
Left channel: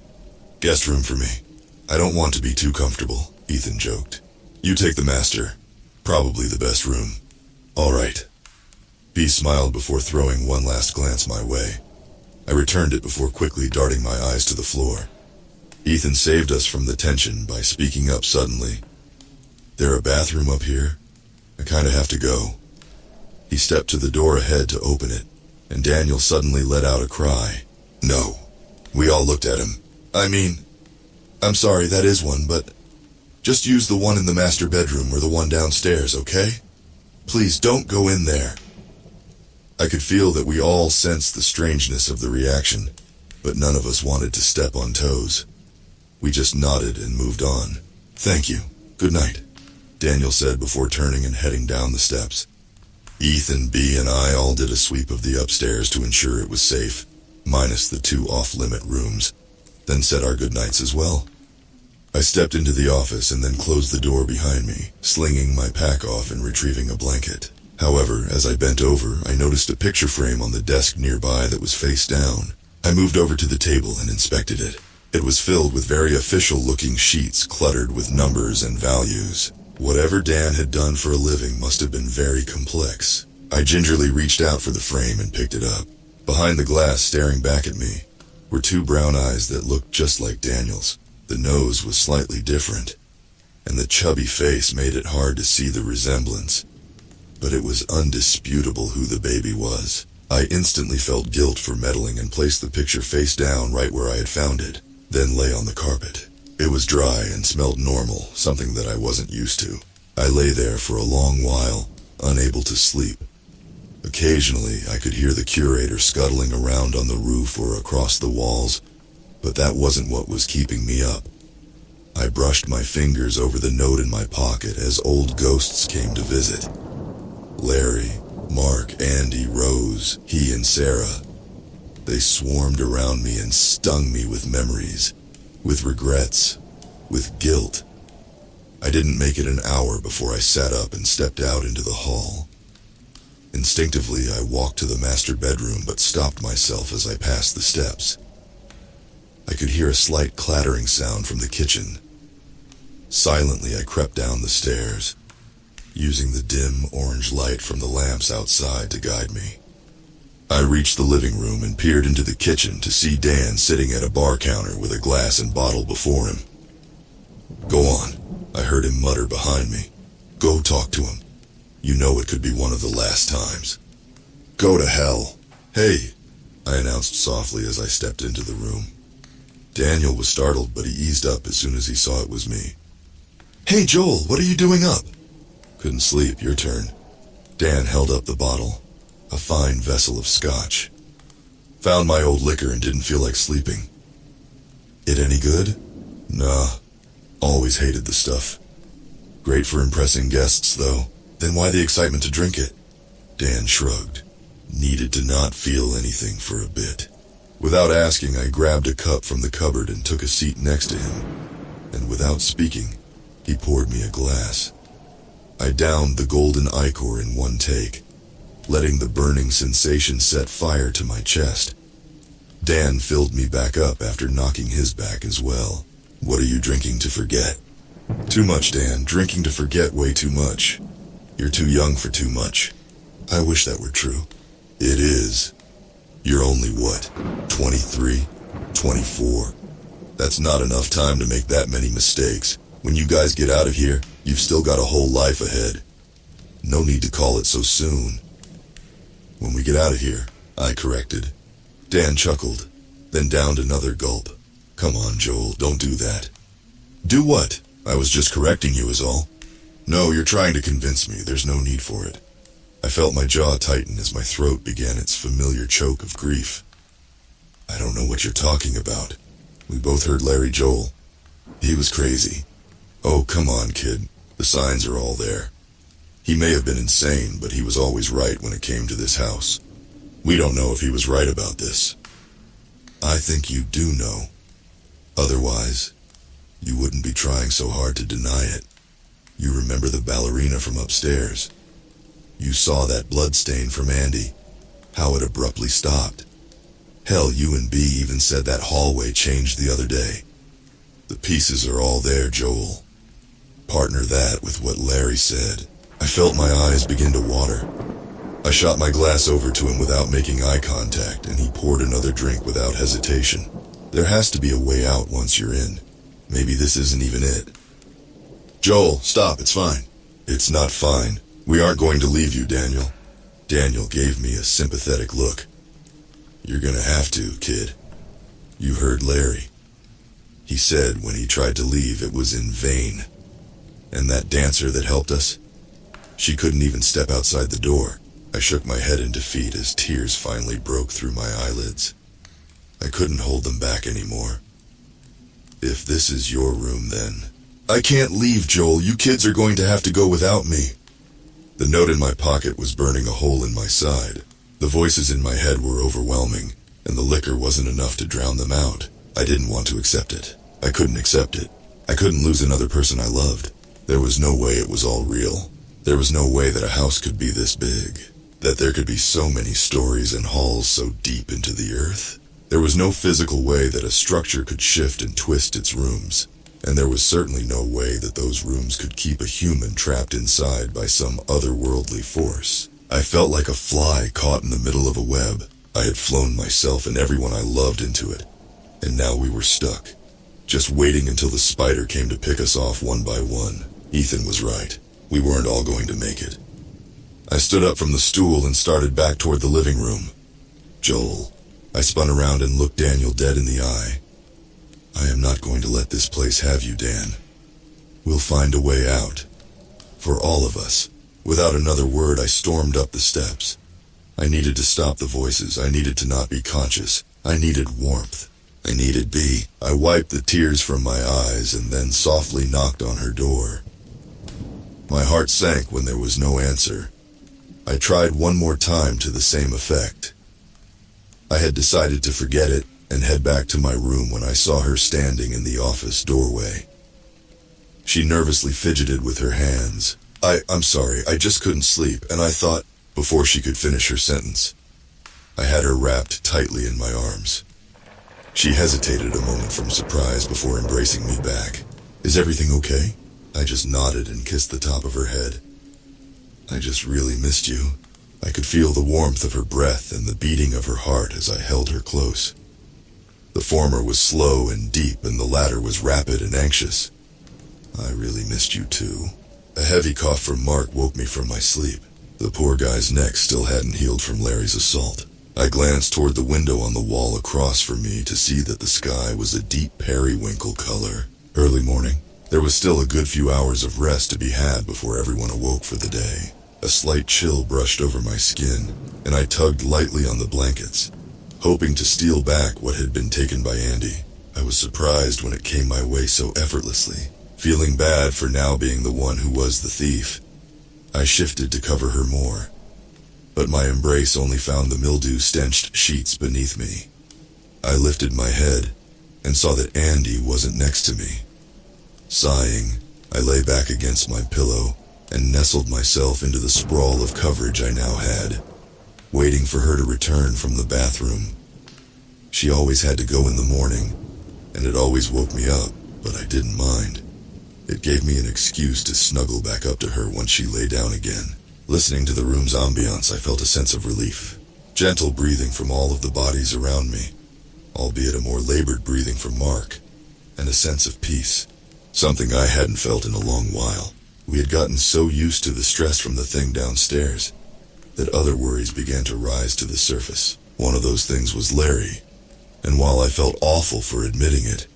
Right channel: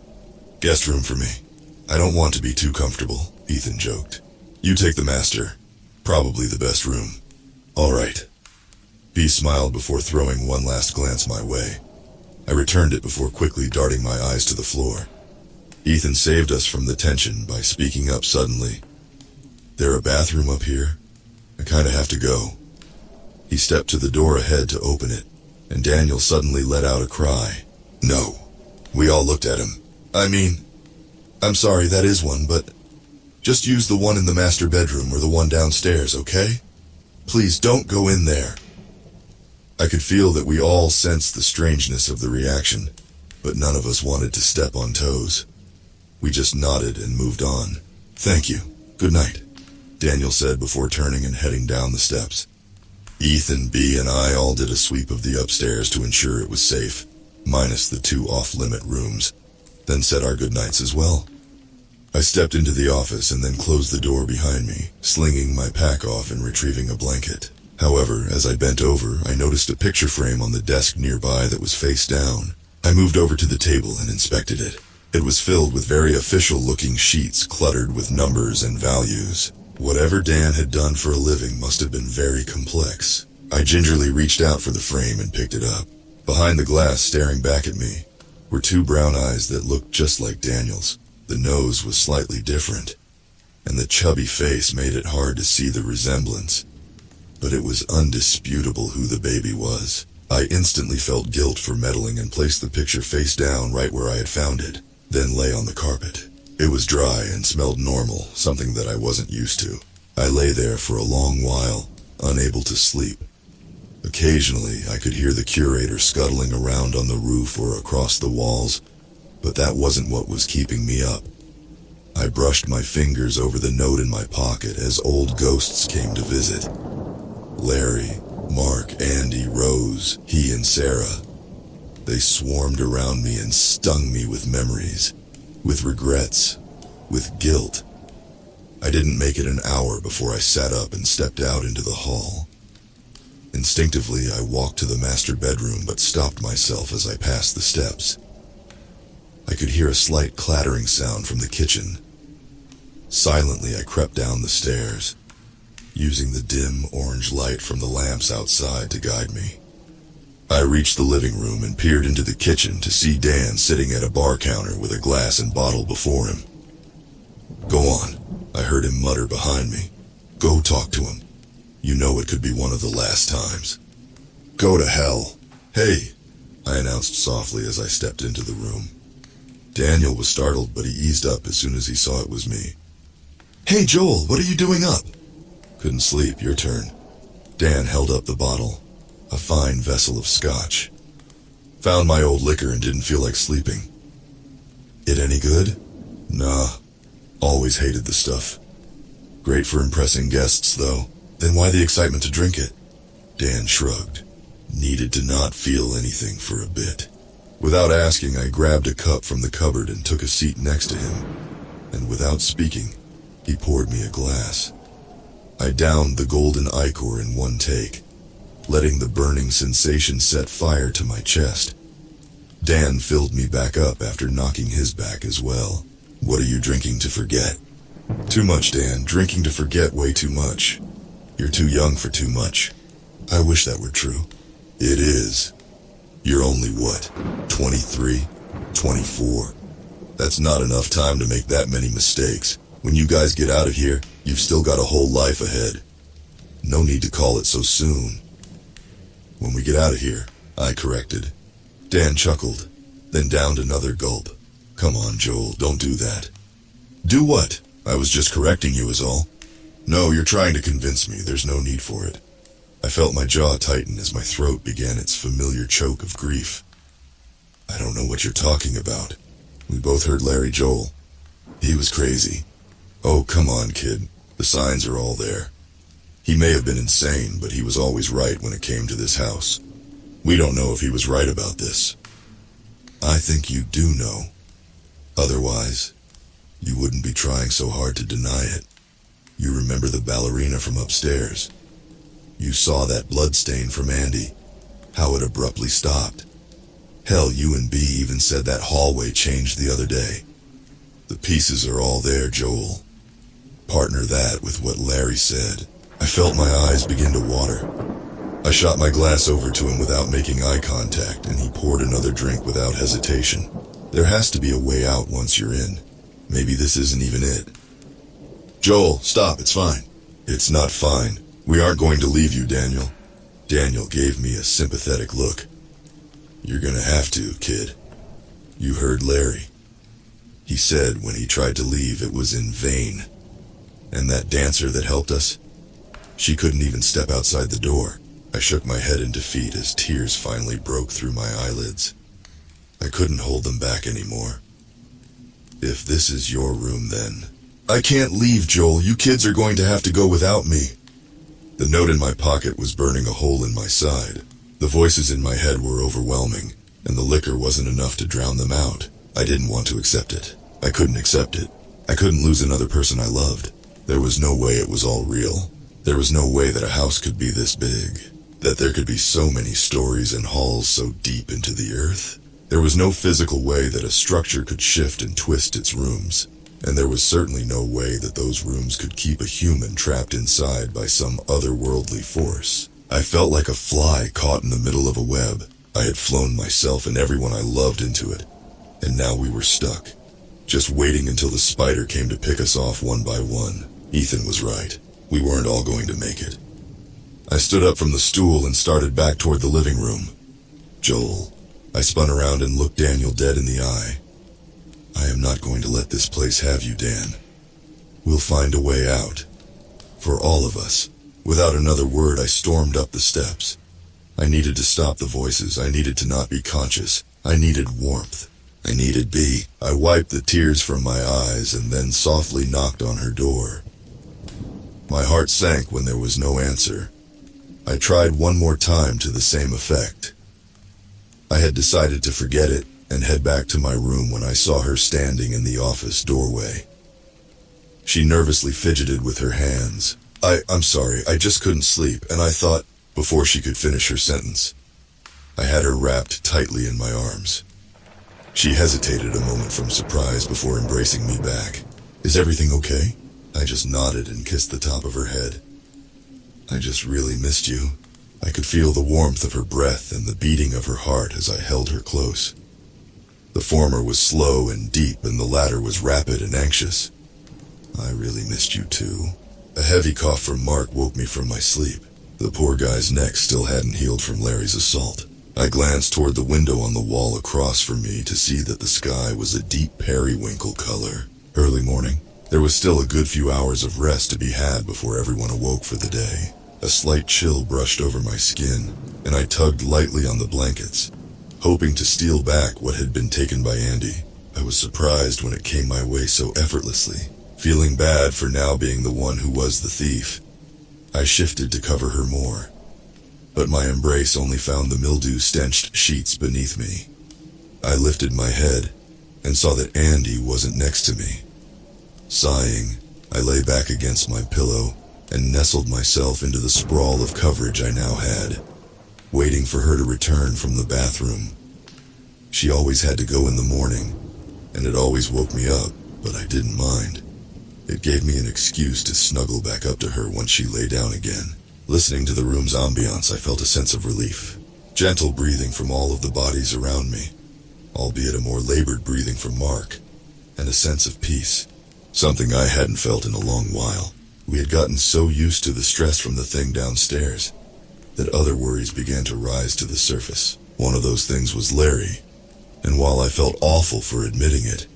Guest room for me. I don't want to be too comfortable, Ethan joked. You take the master. Probably the best room. All right. B smiled before throwing one last glance my way. I returned it before quickly darting my eyes to the floor. Ethan saved us from the tension by speaking up suddenly. There a bathroom up here? I kinda have to go. He stepped to the door ahead to open it, and Daniel suddenly let out a cry. No. We all looked at him. I'm sorry, that is one, but just use the one in the master bedroom or the one downstairs, okay? Please don't go in there. I could feel that we all sensed the strangeness of the reaction, but none of us wanted to step on toes. We just nodded and moved on. Thank you. Good night, Daniel said before turning and heading down the steps. Ethan, B, and I all did a sweep of the upstairs to ensure it was safe, minus the two off-limit rooms, then said our goodnights as well. I stepped into the office and then closed the door behind me, slinging my pack off and retrieving a blanket. However, as I bent over, I noticed a picture frame on the desk nearby that was face down. I moved over to the table and inspected it. It was filled with very official-looking sheets cluttered with numbers and values. Whatever Dan had done for a living must have been very complex. I gingerly reached out for the frame and picked it up. Behind the glass, staring back at me, were two brown eyes that looked just like Daniel's. The nose was slightly different, and the chubby face made it hard to see the resemblance. But it was undisputable who the baby was. I instantly felt guilt for meddling and placed the picture face down right where I had found it, then lay on the carpet. It was dry and smelled normal, something that I wasn't used to. I lay there for a long while, unable to sleep. Occasionally, I could hear the curator scuttling around on the roof or across the walls, but that wasn't what was keeping me up. I brushed my fingers over the note in my pocket as old ghosts came to visit. Larry, Mark, Andy, Rose, he and Sarah. They swarmed around me and stung me with memories, with regrets, with guilt. I didn't make it an hour before I sat up and stepped out into the hall. Instinctively, I walked to the master bedroom but stopped myself as I passed the steps. I could hear a slight clattering sound from the kitchen. Silently, I crept down the stairs, using the dim orange light from the lamps outside to guide me. I reached the living room and peered into the kitchen to see Dan sitting at a bar counter with a glass and bottle before him. "Go on," I heard him mutter behind me. "Go talk to him. You know it could be one of the last times." "Go to hell." "Hey," I announced softly as I stepped into the room. Daniel was startled, but he eased up as soon as he saw it was me. "Hey, Joel, what are you doing up?" "Couldn't sleep, your turn." Dan held up the bottle, a fine vessel of scotch. "Found my old liquor and didn't feel like sleeping." "It any good?" "Nah, always hated the stuff. Great for impressing guests, though. Then why the excitement to drink it?" Dan shrugged. Needed to not feel anything for a bit. Without asking, I grabbed a cup from the cupboard and took a seat next to him, and without speaking, he poured me a glass. I downed the golden ichor in one take, letting the burning sensation set fire to my chest. Dan filled me back up after knocking his back as well. "What are you drinking to forget?" "Too much, Dan. Drinking to forget way too much. You're too young for too much." "I wish that were true." "It is. You're only what, 23, 24? That's not enough time to make that many mistakes. When you guys get out of here, you've still got a whole life ahead. No need to call it so soon." "When we get out of here," I corrected. Dan chuckled, then downed another gulp. "Come on, Joel, don't do that." "Do what? I was just correcting you is all." "No, you're trying to convince me. There's no need for it." I felt my jaw tighten as my throat began its familiar choke of grief. "I don't know what you're talking about." We both heard Larry Joel. "He was crazy." "Oh, come on, kid. The signs are all there. He may have been insane, but he was always right when it came to this house. We don't know if he was right about this." "I think you do know. Otherwise, you wouldn't be trying so hard to deny it. You remember the ballerina from upstairs. You saw that blood stain from Andy, how it abruptly stopped. Hell, you and B even said that hallway changed the other day. The pieces are all there, Joel. Partner that with what Larry said." I felt my eyes begin to water. I shot my glass over to him without making eye contact, and he poured another drink without hesitation. "There has to be a way out once you're in. Maybe this isn't even it." "Joel, stop, it's fine." "It's not fine. We aren't going to leave you, Daniel." Daniel gave me a sympathetic look. "You're gonna have to, kid. You heard Larry. He said when he tried to leave it was in vain. And that dancer that helped us? She couldn't even step outside the door." I shook my head in defeat as tears finally broke through my eyelids. I couldn't hold them back anymore. "If this is your room, then..." "I can't leave, Joel. You kids are going to have to go without me." The note in my pocket was burning a hole in my side. The voices in my head were overwhelming, and the liquor wasn't enough to drown them out. I didn't want to accept it. I couldn't accept it. I couldn't lose another person I loved. There was no way it was all real. There was no way that a house could be this big, that there could be so many stories and halls so deep into the earth. There was no physical way that a structure could shift and twist its rooms, and there was certainly no way that those rooms could keep a human trapped inside by some otherworldly force. I felt like a fly caught in the middle of a web. I had flown myself and everyone I loved into it, And now we were stuck, just waiting until the spider came to pick us off one by one. Ethan was right. We weren't all going to make it. I stood up from the stool and started back toward the living room. Joel. I spun around and looked Daniel dead in the eye. I am not going to let this place have you, Dan. We'll find a way out. For all of us. Without another word, I stormed up the steps. I needed to stop the voices. I needed to not be conscious. I needed warmth. I needed B. I wiped the tears from my eyes and then softly knocked on her door. My heart sank when there was no answer. I tried one more time to the same effect. I had decided to forget it and head back to my room when I saw her standing in the office doorway. She nervously fidgeted with her hands. I'm sorry, I just couldn't sleep, and I thought, before she could finish her sentence. I had her wrapped tightly in my arms. She hesitated a moment from surprise before embracing me back. Is everything okay? I just nodded and kissed the top of her head. I just really missed you. I could feel the warmth of her breath and the beating of her heart as I held her close. The former was slow and deep, and the latter was rapid and anxious. I really missed you too. A heavy cough from Mark woke me from my sleep. The poor guy's neck still hadn't healed from Larry's assault. I glanced toward the window on the wall across from me to see that the sky was a deep periwinkle color. Early morning. There was still a good few hours of rest to be had before everyone awoke for the day. A slight chill brushed over my skin, and I tugged lightly on the blankets, hoping to steal back what had been taken by Andy. I was surprised when it came my way so effortlessly, feeling bad for now being the one who was the thief. I shifted to cover her more, but my embrace only found the mildew-stenched sheets beneath me. I lifted my head and saw that Andy wasn't next to me. Sighing, I lay back against my pillow and nestled myself into the sprawl of coverage I now had, waiting for her to return from the bathroom. She always had to go in the morning, and it always woke me up, but I didn't mind. It gave me an excuse to snuggle back up to her once she lay down again. Listening to the room's ambiance, I felt a sense of relief. Gentle breathing from all of the bodies around me, albeit a more labored breathing from Mark, and a sense of peace, something I hadn't felt in a long while. We had gotten so used to the stress from the thing downstairs that other worries began to rise to the surface. One of those things was Larry, and while I felt awful for admitting it,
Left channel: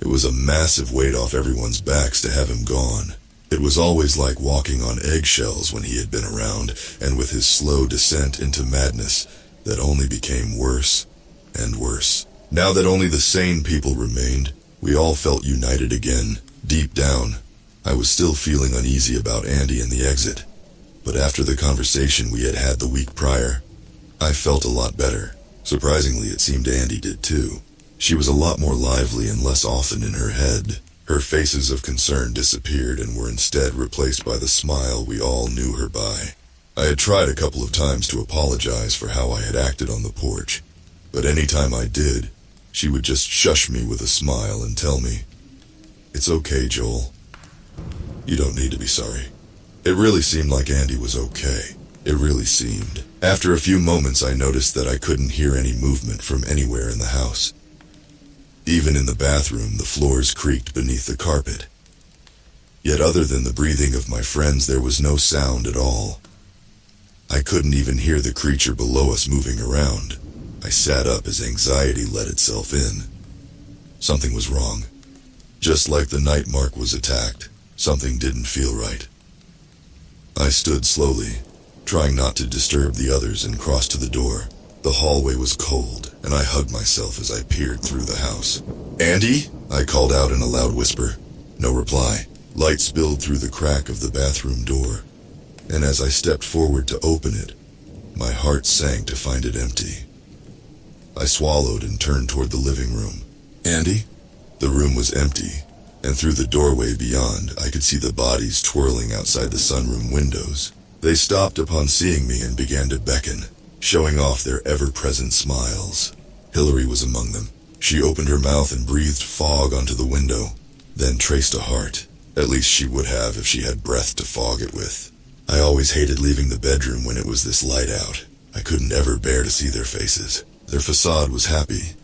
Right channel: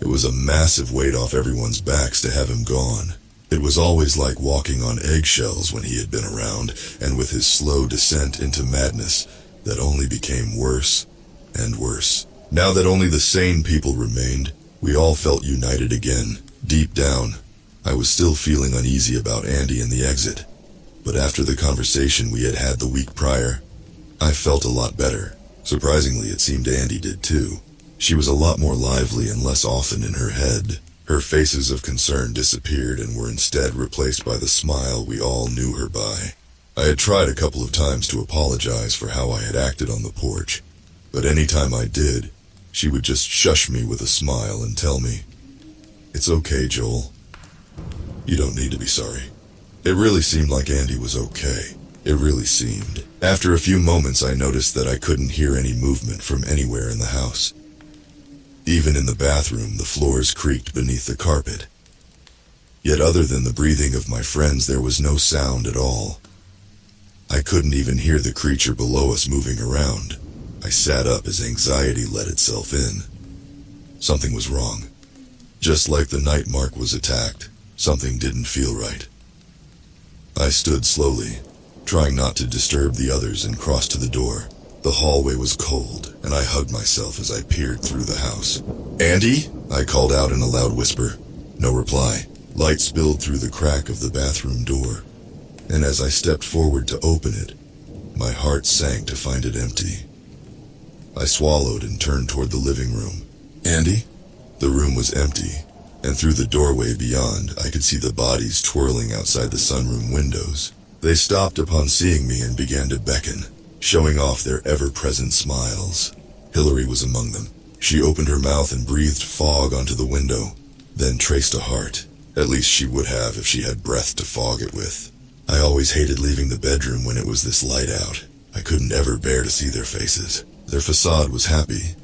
it was a massive weight off everyone's backs to have him gone. It was always like walking on eggshells when he had been around, and with his slow descent into madness that only became worse and worse. Now that only the sane people remained, we all felt united again. Deep down, I was still feeling uneasy about Andy and the exit, but after the conversation we had had the week prior, I felt a lot better. Surprisingly, it seemed Andy did too. She was a lot more lively and less often in her head. Her faces of concern disappeared and were instead replaced by the smile we all knew her by. I had tried a couple of times to apologize for how I had acted on the porch, but any time I did, she would just shush me with a smile and tell me, "It's okay, Joel. You don't need to be sorry." It really seemed like Andy was okay. It really seemed. After a few moments, I noticed that I couldn't hear any movement from anywhere in the house. Even in the bathroom, the floors creaked beneath the carpet. Yet other than the breathing of my friends, there was no sound at all. I couldn't even hear the creature below us moving around. I sat up as anxiety let itself in. Something was wrong. Just like the night Mark was attacked, something didn't feel right. I stood slowly, trying not to disturb the others, and crossed to the door. The hallway was cold, and I hugged myself as I peered through the house. "Andy?" I called out in a loud whisper. No reply. Light spilled through the crack of the bathroom door, and as I stepped forward to open it, my heart sank to find it empty. I swallowed and turned toward the living room. "Andy?" The room was empty, and through the doorway beyond, I could see the bodies twirling outside the sunroom windows. They stopped upon seeing me and began to beckon, showing off their ever-present smiles. Hillary was among them. She opened her mouth and breathed fog onto the window, then traced a heart. At least she would have if she had breath to fog it with. I always hated leaving the bedroom when it was this light out. I couldn't ever bear to see their faces. Their facade was happy,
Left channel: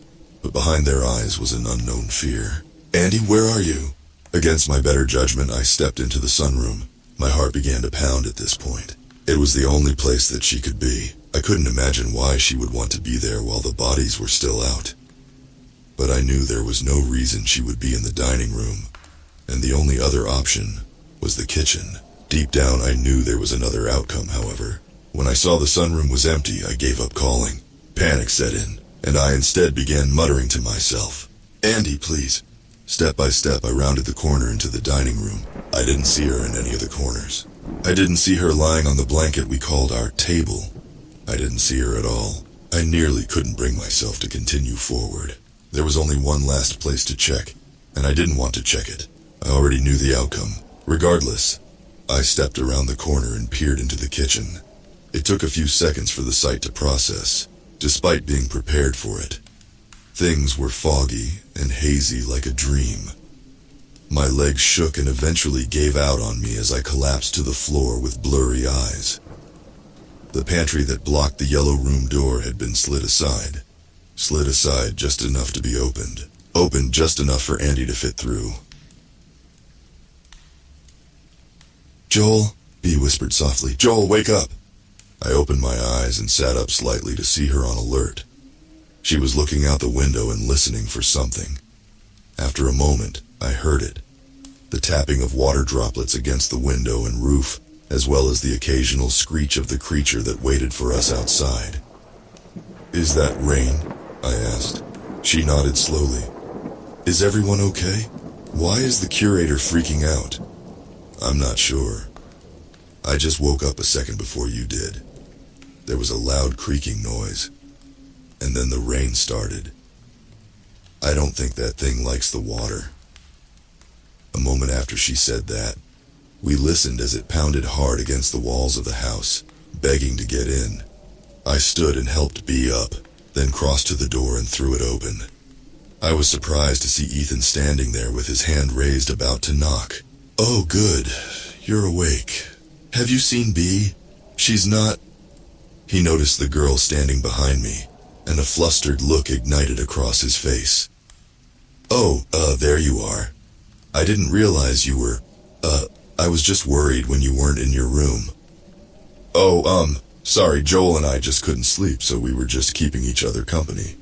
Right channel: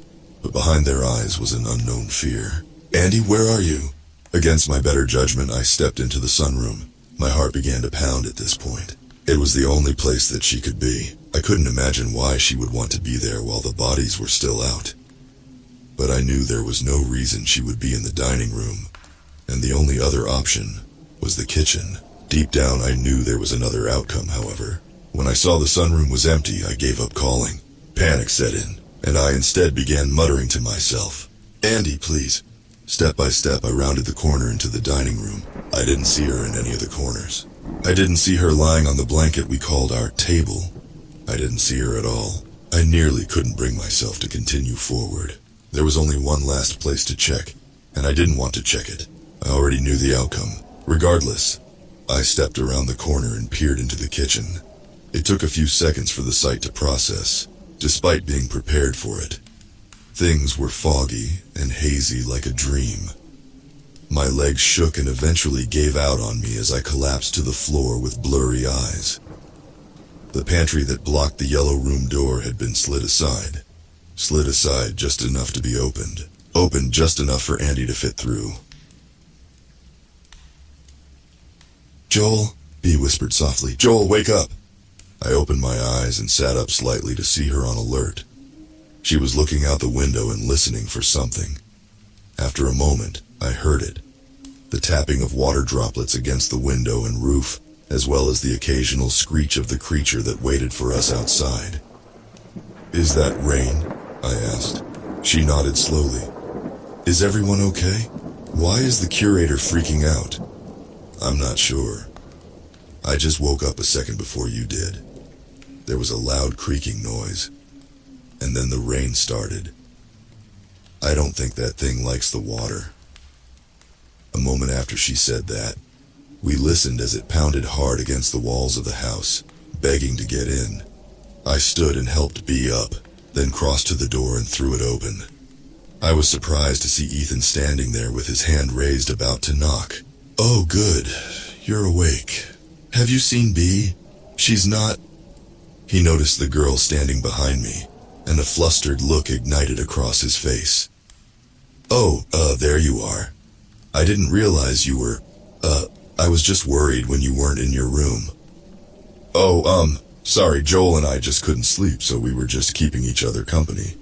but behind their eyes was an unknown fear. "Andy, where are you?" Against my better judgment, I stepped into the sunroom. My heart began to pound at this point. It was the only place that she could be. I couldn't imagine why she would want to be there while the bodies were still out. But I knew there was no reason she would be in the dining room, and the only other option was the kitchen. Deep down, I knew there was another outcome, however. When I saw the sunroom was empty, I gave up calling. Panic set in, and I instead began muttering to myself, "Andy, please." Step by step, I rounded the corner into the dining room. I didn't see her in any of the corners. I didn't see her lying on the blanket we called our table. I didn't see her at all. I nearly couldn't bring myself to continue forward. There was only one last place to check, and I didn't want to check it. I already knew the outcome. Regardless, I stepped around the corner and peered into the kitchen. It took a few seconds for the sight to process, despite being prepared for it. Things were foggy and hazy like a dream. My legs shook and eventually gave out on me as I collapsed to the floor with blurry eyes. The pantry that blocked the yellow room door had been slid aside just enough to be opened. Opened just enough for Andy to fit through. "Joel," Bea whispered softly. "Joel, wake up." I opened my eyes and sat up slightly to see her on alert. She was looking out the window and listening for something. After a moment, I heard it. The tapping of water droplets against the window and roof, as well as the occasional screech of the creature that waited for us outside. "Is that rain?" I asked. She nodded slowly. "Is everyone okay? Why is the curator freaking out?" "I'm not sure. I just woke up a second before you did." There was a loud creaking noise, and then the rain started. "I don't think that thing likes the water." A moment after she said that, we listened as it pounded hard against the walls of the house, begging to get in. I stood and helped Bea up, then crossed to the door and threw it open. I was surprised to see Ethan standing there with his hand raised about to knock. "Oh, good. You're awake. Have you seen Bea? She's not..." He noticed the girl standing behind me, and a flustered look ignited across his face. "Oh, there you are. I didn't realize you were, I was just worried when you weren't in your room." "Oh, sorry, Joel and I just couldn't sleep, so we were just keeping each other company,"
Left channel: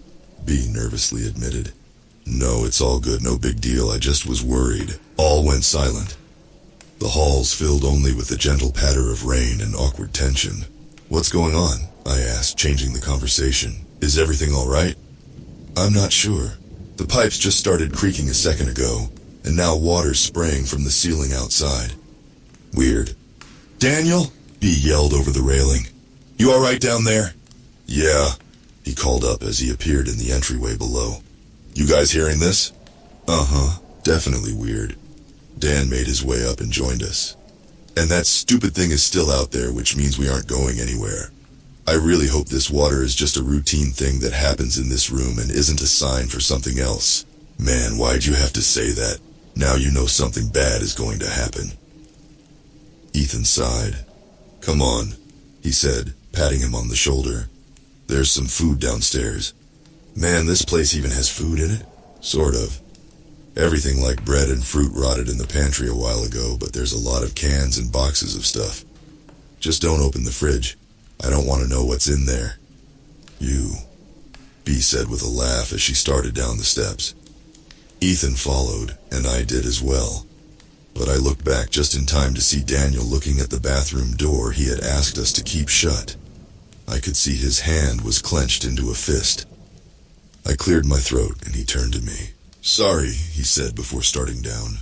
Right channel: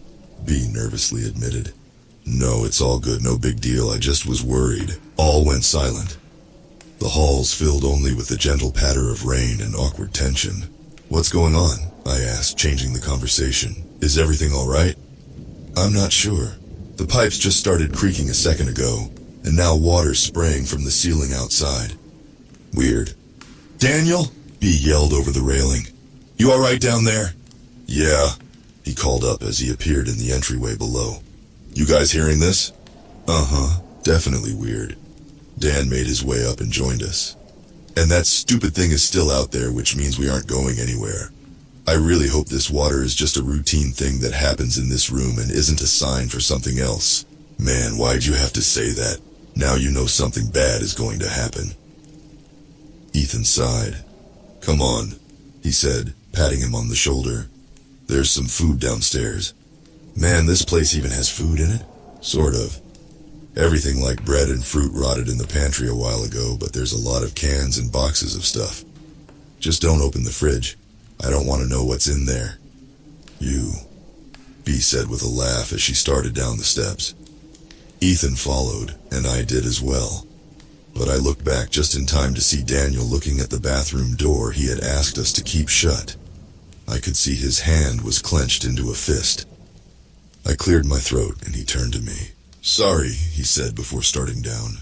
Bea nervously admitted. "No, it's all good, no big deal, I just was worried." All went silent. The halls filled only with the gentle patter of rain and awkward tension. "What's going on?" I asked, changing the conversation. "Is everything all right?" "I'm not sure. The pipes just started creaking a second ago, and now water's spraying from the ceiling outside. Weird." "Daniel?" Bea yelled over the railing. "You all right down there?" "Yeah," he called up as he appeared in the entryway below. "You guys hearing this?" "Uh-huh, definitely weird." Dan made his way up and joined us. "And that stupid thing is still out there, which means we aren't going anywhere. I really hope this water is just a routine thing that happens in this room and isn't a sign for something else." "Man, why'd you have to say that? Now you know something bad is going to happen." Ethan sighed. "Come on," he said, patting him on the shoulder. "There's some food downstairs." "Man, this place even has food in it?" "Sort of. Everything like bread and fruit rotted in the pantry a while ago, but there's a lot of cans and boxes of stuff. Just don't open the fridge. I don't want to know what's in there." "You," Bea said with a laugh as she started down the steps. Ethan followed, and I did as well. But I looked back just in time to see Daniel looking at the bathroom door he had asked us to keep shut. I could see his hand was clenched into a fist. I cleared my throat, and he turned to me. "Sorry," he said before starting down.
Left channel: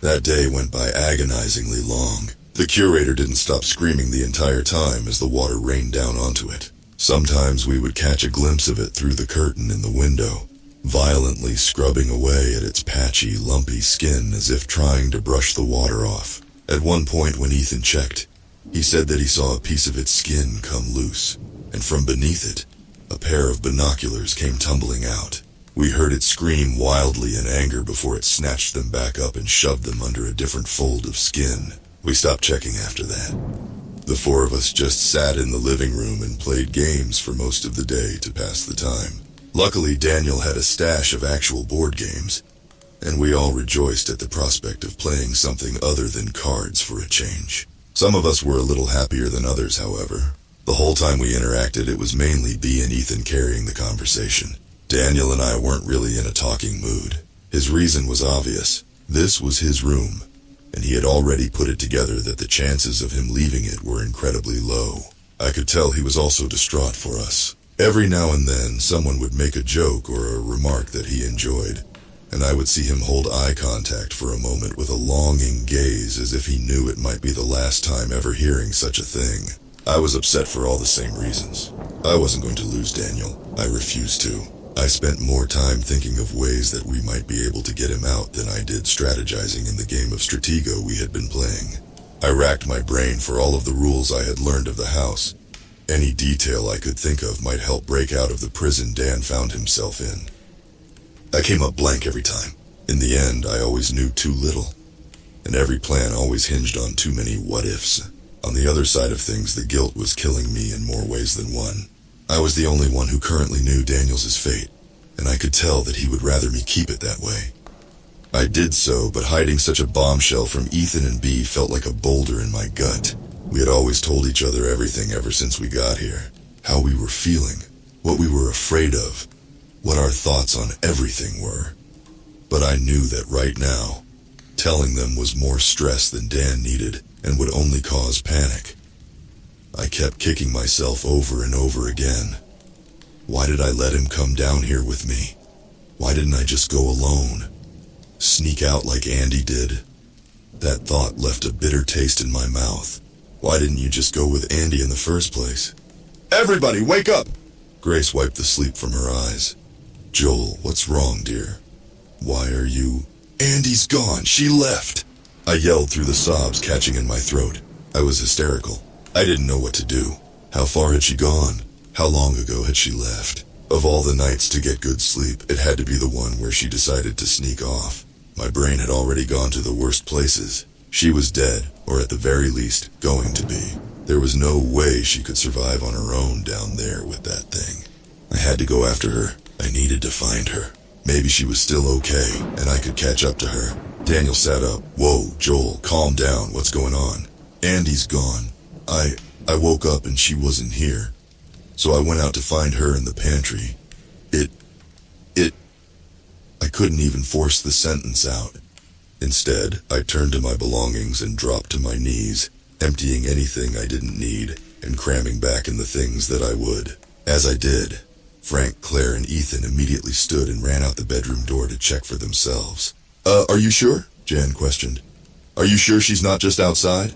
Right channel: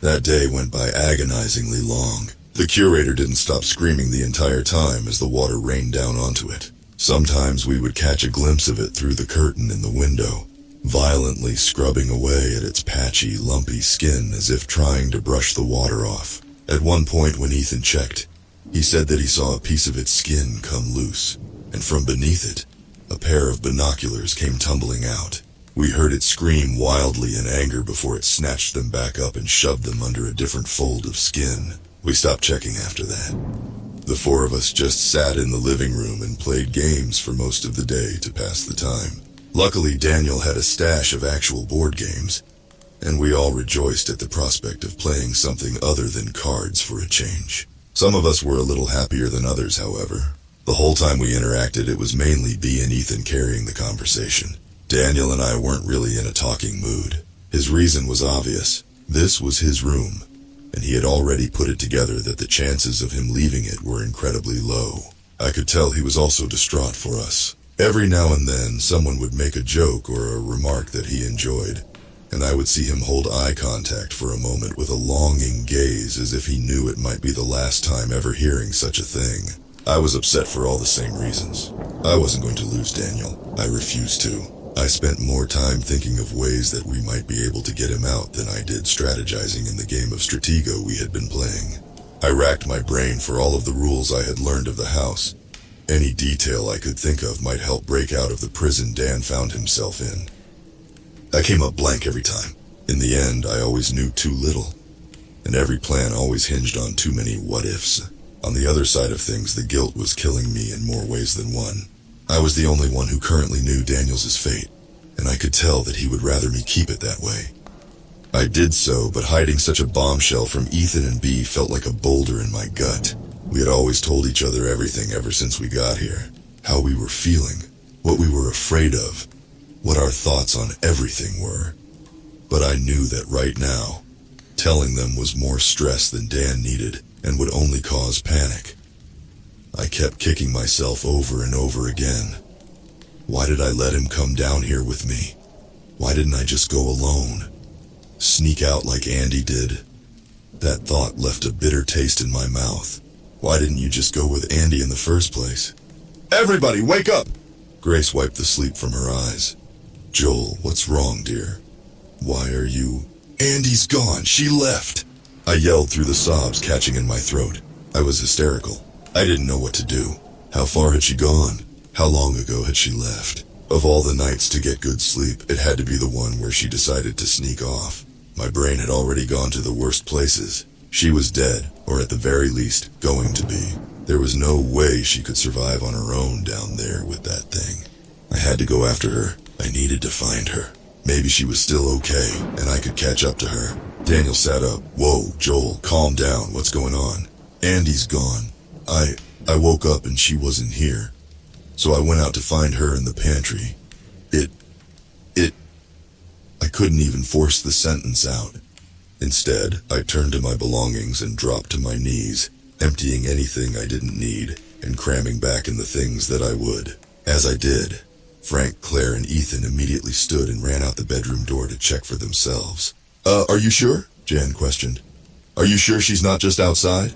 That day went by agonizingly long. The curator didn't stop screaming the entire time as the water rained down onto it. Sometimes we would catch a glimpse of it through the curtain in the window, violently scrubbing away at its patchy, lumpy skin as if trying to brush the water off. At one point when Ethan checked, he said that he saw a piece of its skin come loose, and from beneath it, a pair of binoculars came tumbling out. We heard it scream wildly in anger before it snatched them back up and shoved them under a different fold of skin. We stopped checking after that. The four of us just sat in the living room and played games for most of the day to pass the time. Luckily, Daniel had a stash of actual board games, and we all rejoiced at the prospect of playing something other than cards for a change. Some of us were a little happier than others, however. The whole time we interacted, it was mainly B and Ethan carrying the conversation. Daniel and I weren't really in a talking mood. His reason was obvious. This was his room, and he had already put it together that the chances of him leaving it were incredibly low. I could tell he was also distraught for us. Every now and then, someone would make a joke or a remark that he enjoyed, and I would see him hold eye contact for a moment with a longing gaze as if he knew it might be the last time ever hearing such a thing. I was upset for all the same reasons. I wasn't going to lose Daniel. I refused to. I spent more time thinking of ways that we might be able to get him out than I did strategizing in the game of Stratego we had been playing. I racked my brain for all of the rules I had learned of the house. Any detail I could think of might help break out of the prison Dan found himself in. I came up blank every time. In the end, I always knew too little, and every plan always hinged on too many what-ifs. On the other side of things, the guilt was killing me in more ways than one. I was the only one who currently knew Daniel's fate, and I could tell that he would rather me keep it that way. I did so, but hiding such a bombshell from Ethan and B felt like a boulder in my gut. We had always told each other everything ever since we got here. How we were feeling, what we were afraid of, what our thoughts on everything were. But I knew that right now, telling them was more stress than Dan needed and would only cause panic. I kept kicking myself over and over again. Why did I let him come down here with me? Why didn't I just go alone? Sneak out like Andy did? That thought left a bitter taste in my mouth. Why didn't you just go with Andy in the first place? Everybody, wake up! Grace wiped the sleep from her eyes. Joel, what's wrong, dear? Why are you... Andy's gone, she left! I yelled through the sobs catching in my throat. I was hysterical. I didn't know what to do. How far had she gone? How long ago had she left? Of all the nights to get good sleep, it had to be the one where she decided to sneak off. My brain had already gone to the worst places. She was dead, or at the very least, going to be. There was no way she could survive on her own down there with that thing. I had to go after her. I needed to find her. Maybe she was still okay, and I could catch up to her. Daniel sat up. Whoa, Joel, calm down. What's going on? Andy's gone. I woke up and she wasn't here. So I went out to find her in the pantry. I couldn't even force the sentence out. Instead, I turned to my belongings and dropped to my knees, emptying anything I didn't need and cramming back in the things that I would. As I did, Frank, Claire, and Ethan immediately stood and ran out the bedroom door to check for themselves. Are you sure? Jan questioned. Are you sure she's not just outside?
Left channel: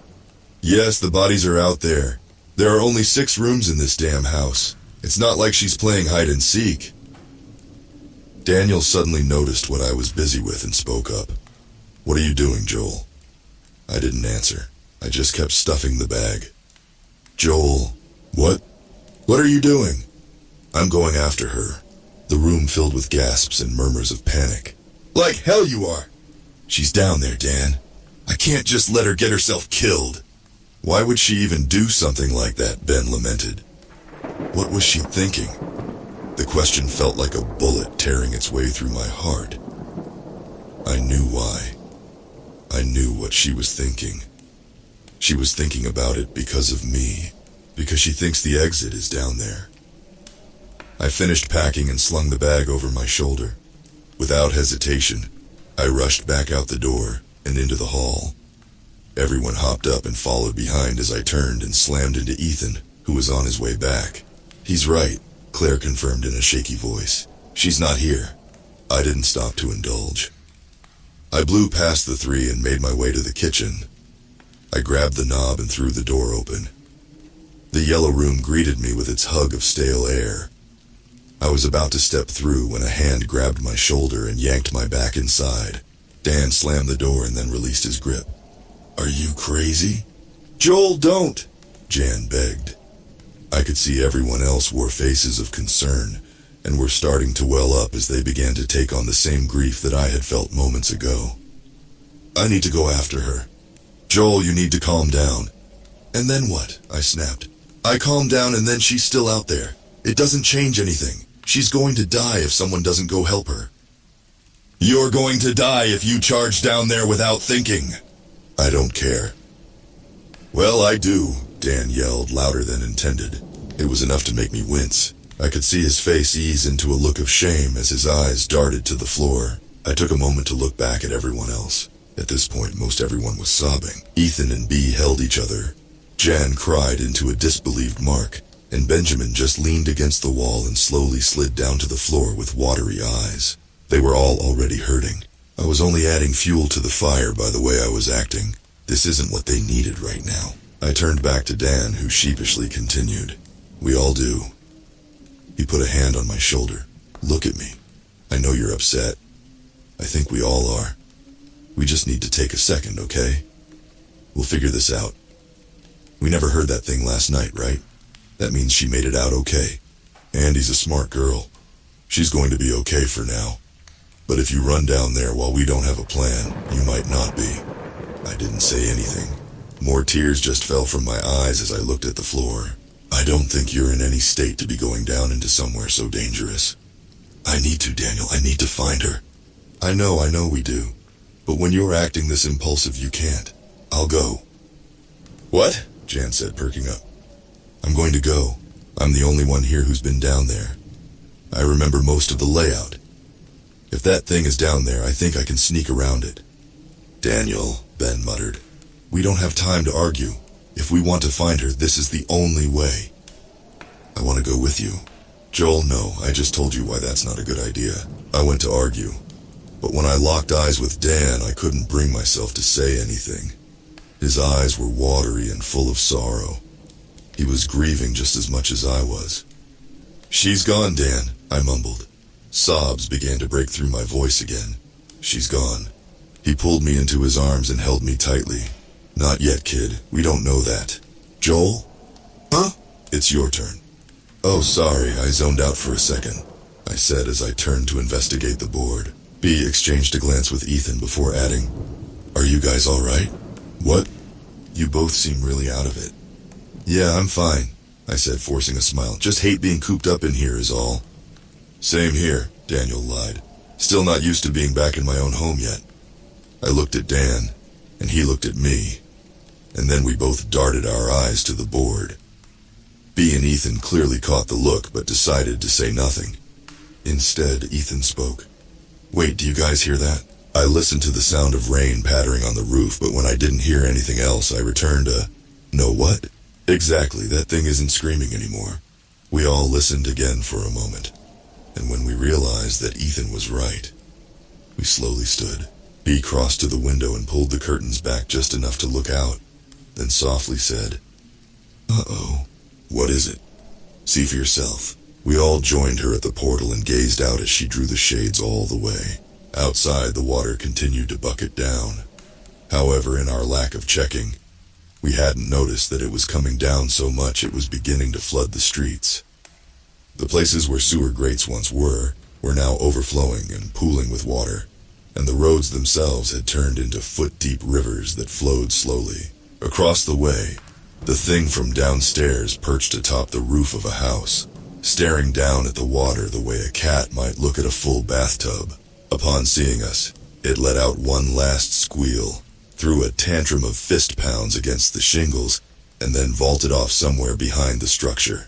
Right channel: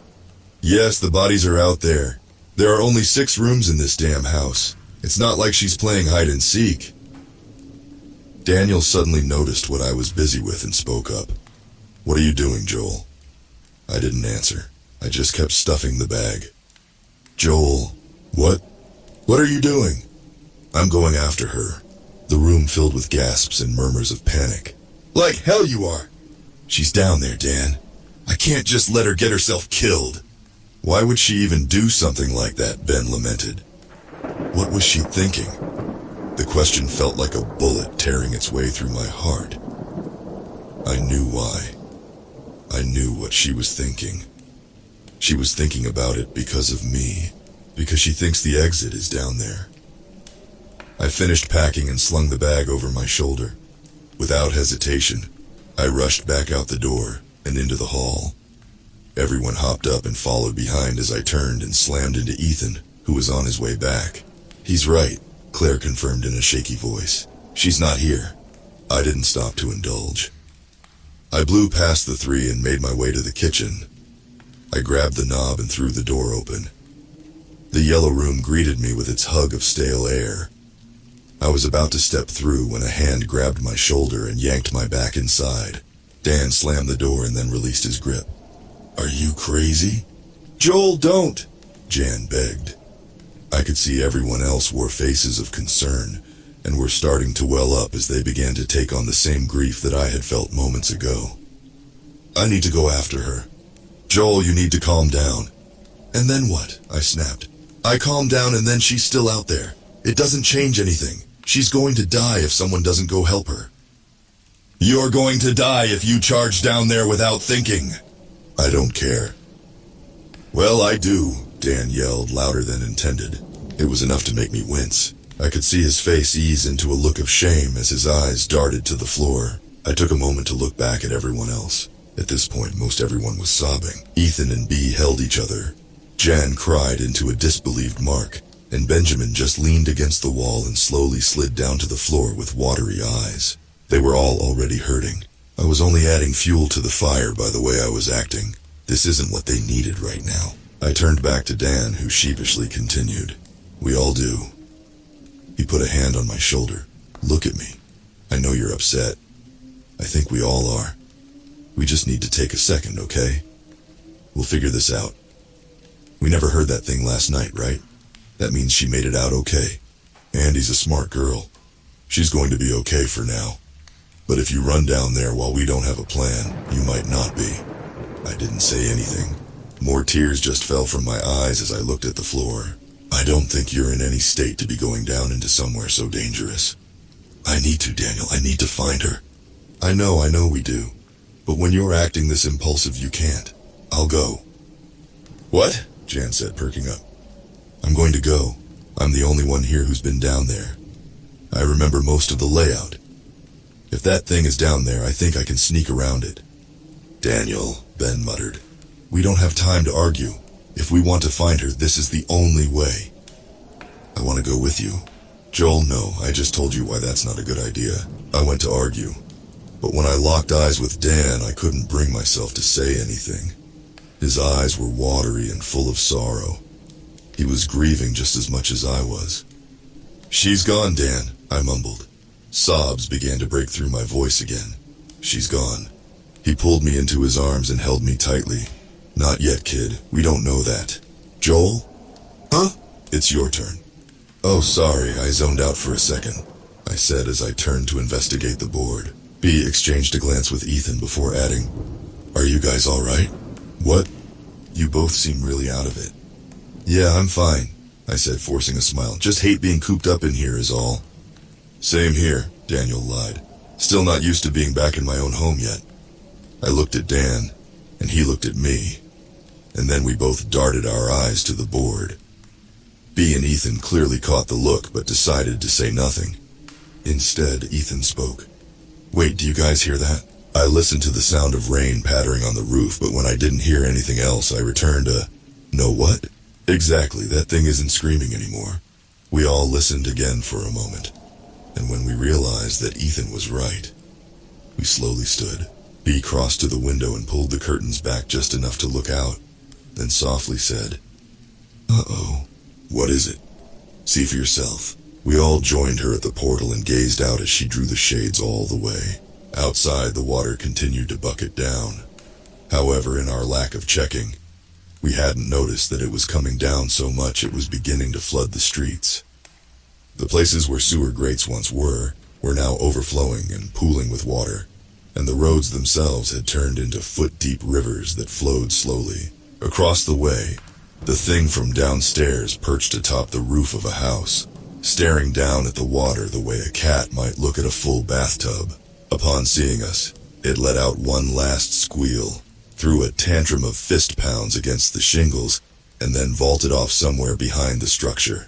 Yes, the bodies are out there. There are only 6 rooms in this damn house. It's not like she's playing hide and seek. Daniel suddenly noticed what I was busy with and spoke up. What are you doing, Joel? I didn't answer. I just kept stuffing the bag. Joel, what? What are you doing? I'm going after her. The room filled with gasps and murmurs of panic. Like hell you are! She's down there, Dan. I can't just let her get herself killed. Why would she even do something like that, Ben lamented. What was she thinking? The question felt like a bullet tearing its way through my heart. I knew why. I knew what she was thinking. She was thinking about it because of me, because she thinks the exit is down there. I finished packing and slung the bag over my shoulder. Without hesitation, I rushed back out the door and into the hall. Everyone hopped up and followed behind as I turned and slammed into Ethan, who was on his way back. He's right, Claire confirmed in a shaky voice. She's not here. I didn't stop to indulge. I blew past the 3 and made my way to the kitchen. I grabbed the knob and threw the door open. The yellow room greeted me with its hug of stale air. I was about to step through when a hand grabbed my shoulder and yanked my back inside. Dan slammed the door and then released his grip. Are you crazy? Joel, don't! Jan begged. I could see everyone else wore faces of concern and were starting to well up as they began to take on the same grief that I had felt moments ago. I need to go after her. Joel, you need to calm down. And then what? I snapped. I calmed down and then she's still out there. It doesn't change anything. She's going to die if someone doesn't go help her. You're going to die if you charge down there without thinking. I don't care. Well, I do, Dan yelled louder than intended. It was enough to make me wince. I could see his face ease into a look of shame as his eyes darted to the floor. I took a moment to look back at everyone else. At this point, most everyone was sobbing. Ethan and Bea held each other. Jan cried into a disbelieved Mark, and Benjamin just leaned against the wall and slowly slid down to the floor with watery eyes. They were all already hurting. I was only adding fuel to the fire by the way I was acting. This isn't what they needed right now. I turned back to Dan, who sheepishly continued. We all do. He put a hand on my shoulder. Look at me. I know you're upset. I think we all are. We just need to take a second, okay? We'll figure this out. We never heard that thing last night, right? That means she made it out okay. Andy's a smart girl. She's going to be okay for now. But if you run down there while we don't have a plan, you might not be. I didn't say anything. More tears just fell from my eyes as I looked at the floor. I don't think you're in any state to be going down into somewhere so dangerous. I need to, Daniel. I need to find her. I know we do. But when you're acting this impulsive, you can't. I'll go. What? Jan said, perking up. I'm going to go. I'm the only one here who's been down there. I remember most of the layout. If that thing is down there, I think I can sneak around it. Daniel, Ben muttered. We don't have time to argue. If we want to find her, this is the only way. I want to go with you. Joel, no, I just told you why that's not a good idea. I went to argue. But when I locked eyes with Dan, I couldn't bring myself to say anything. His eyes were watery and full of sorrow. He was grieving just as much as I was. She's gone, Dan, I mumbled. Sobs began to break through my voice again. She's gone. He pulled me into his arms and held me tightly. Not yet, kid. We don't know that. Joel? Huh? It's your turn. Oh, sorry, I zoned out for a second, I said as I turned to investigate the board. Bea exchanged a glance with Ethan before adding, Are you guys all right? What? You both seem really out of it. Yeah, I'm fine, I said, forcing a smile. Just hate being cooped up in here is all. Same here, Daniel lied. Still not used to being back in my own home yet. I looked at Dan, and he looked at me, and then we both darted our eyes to the board. Bea and Ethan clearly caught the look, but decided to say nothing. Instead, Ethan spoke. Wait, do you guys hear that? I listened to the sound of rain pattering on the roof, but when I didn't hear anything else, I returned a, no what? Exactly, that thing isn't screaming anymore. We all listened again for a moment, and when we realized that Ethan was right, we slowly stood. Bea crossed to the window and pulled the curtains back just enough to look out, then softly said, Uh-oh. What is it? See for yourself. We all joined her at the portal and gazed out as she drew the shades all the way. Outside, the water continued to bucket down. However, in our lack of checking, we hadn't noticed that it was coming down so much it was beginning to flood the streets. The places where sewer grates once were now overflowing and pooling with water, and the roads themselves had turned into foot-deep rivers that flowed slowly. Across the way, the thing from downstairs perched atop the roof of a house, staring down at the water the way a cat might look at a full bathtub. Upon seeing us, it let out one last squeal, threw a tantrum of fist pounds against the shingles, and then vaulted off somewhere behind the structure.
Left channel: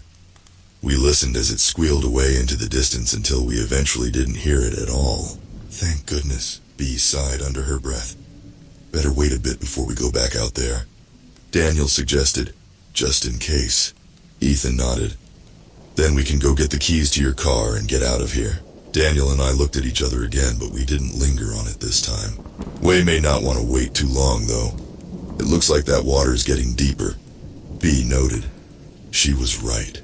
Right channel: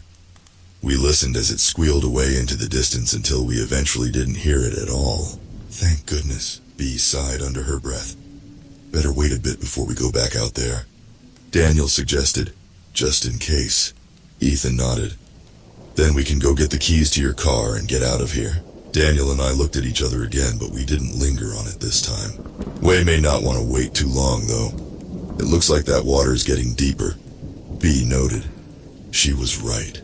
We listened as it squealed away into the distance until we eventually didn't hear it at all. Thank goodness, Bea sighed under her breath. Better wait a bit before we go back out there, Daniel suggested, just in case. Ethan nodded. Then we can go get the keys to your car and get out of here. Daniel and I looked at each other again, but we didn't linger on it this time. Way may not want to wait too long, though. It looks like that water's getting deeper, Bea noted. She was right.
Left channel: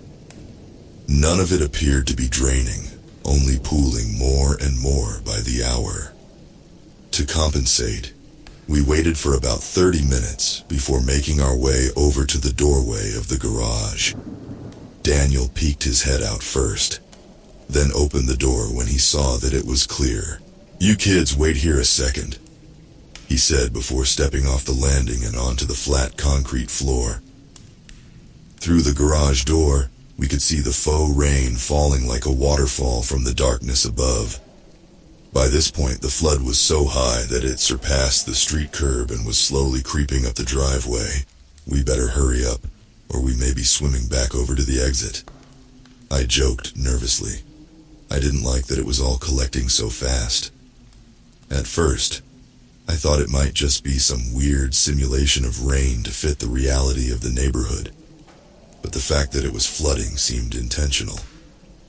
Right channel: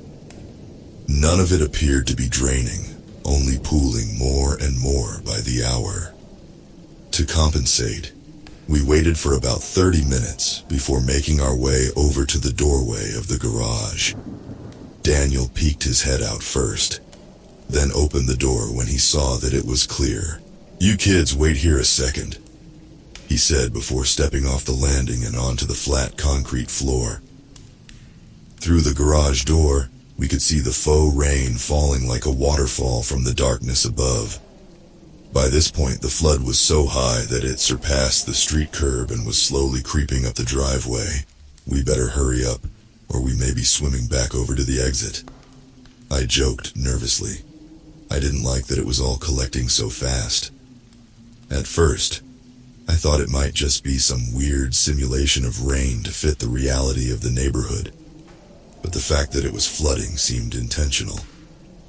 None of it appeared to be draining, only pooling more and more by the hour. To compensate, we waited for about 30 minutes before making our way over to the doorway of the garage. Daniel peeked his head out first, then opened the door when he saw that it was clear. You kids wait here a second, he said before stepping off the landing and onto the flat concrete floor. Through the garage door, We could see the faux rain falling like a waterfall from the darkness above. By this point, the flood was so high that it surpassed the street curb and was slowly creeping up the driveway. We better hurry up, or we may be swimming back over to the exit. I joked nervously. I didn't like that it was all collecting so fast. At first, I thought it might just be some weird simulation of rain to fit the reality of the neighborhood. But the fact that it was flooding seemed intentional,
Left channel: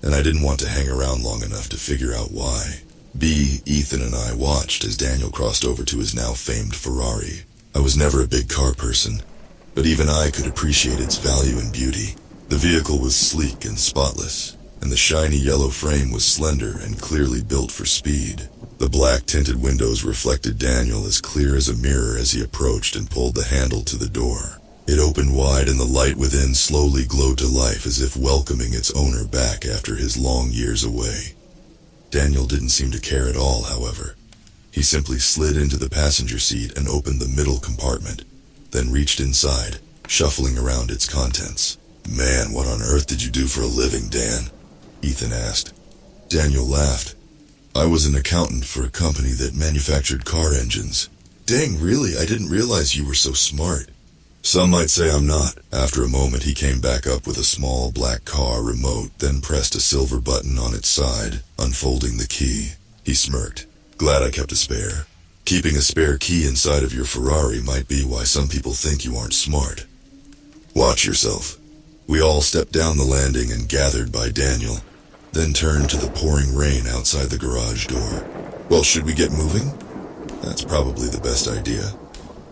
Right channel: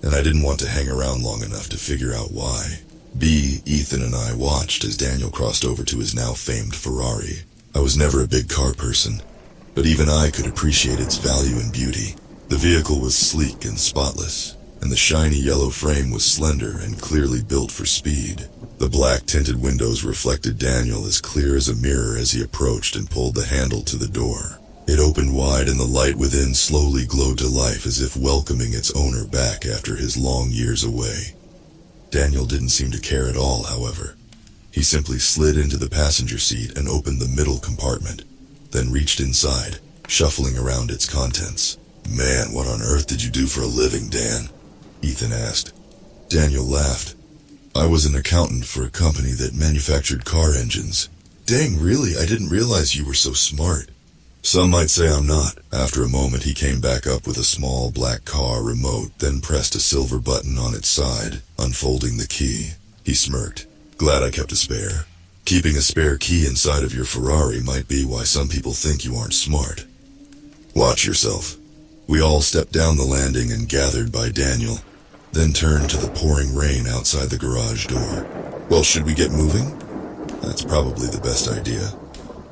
and I didn't want to hang around long enough to figure out why. Ethan and I watched as Daniel crossed over to his now famed Ferrari. I was never a big car person, but even I could appreciate its value and beauty. The vehicle was sleek and spotless, and the shiny yellow frame was slender and clearly built for speed. The black tinted windows reflected Daniel as clear as a mirror as he approached and pulled the handle to the door. It opened wide and the light within slowly glowed to life as if welcoming its owner back after his long years away. Daniel didn't seem to care at all, however. He simply slid into the passenger seat and opened the middle compartment, then reached inside, shuffling around its contents. "Man, what on earth did you do for a living, Dan?" Ethan asked. Daniel laughed. "I was an accountant for a company that manufactured car engines." "Dang, really? I didn't realize you were so smart." "Some might say I'm not." After a moment, he came back up with a small black car remote, then pressed a silver button on its side, unfolding the key. He smirked. "Glad I kept a spare. Keeping a spare key inside of your Ferrari might be why some people think you aren't smart. Watch yourself." We all stepped down the landing and gathered by Daniel, then turned to the pouring rain outside the garage door. "Well, should we get moving?" "That's probably the best idea.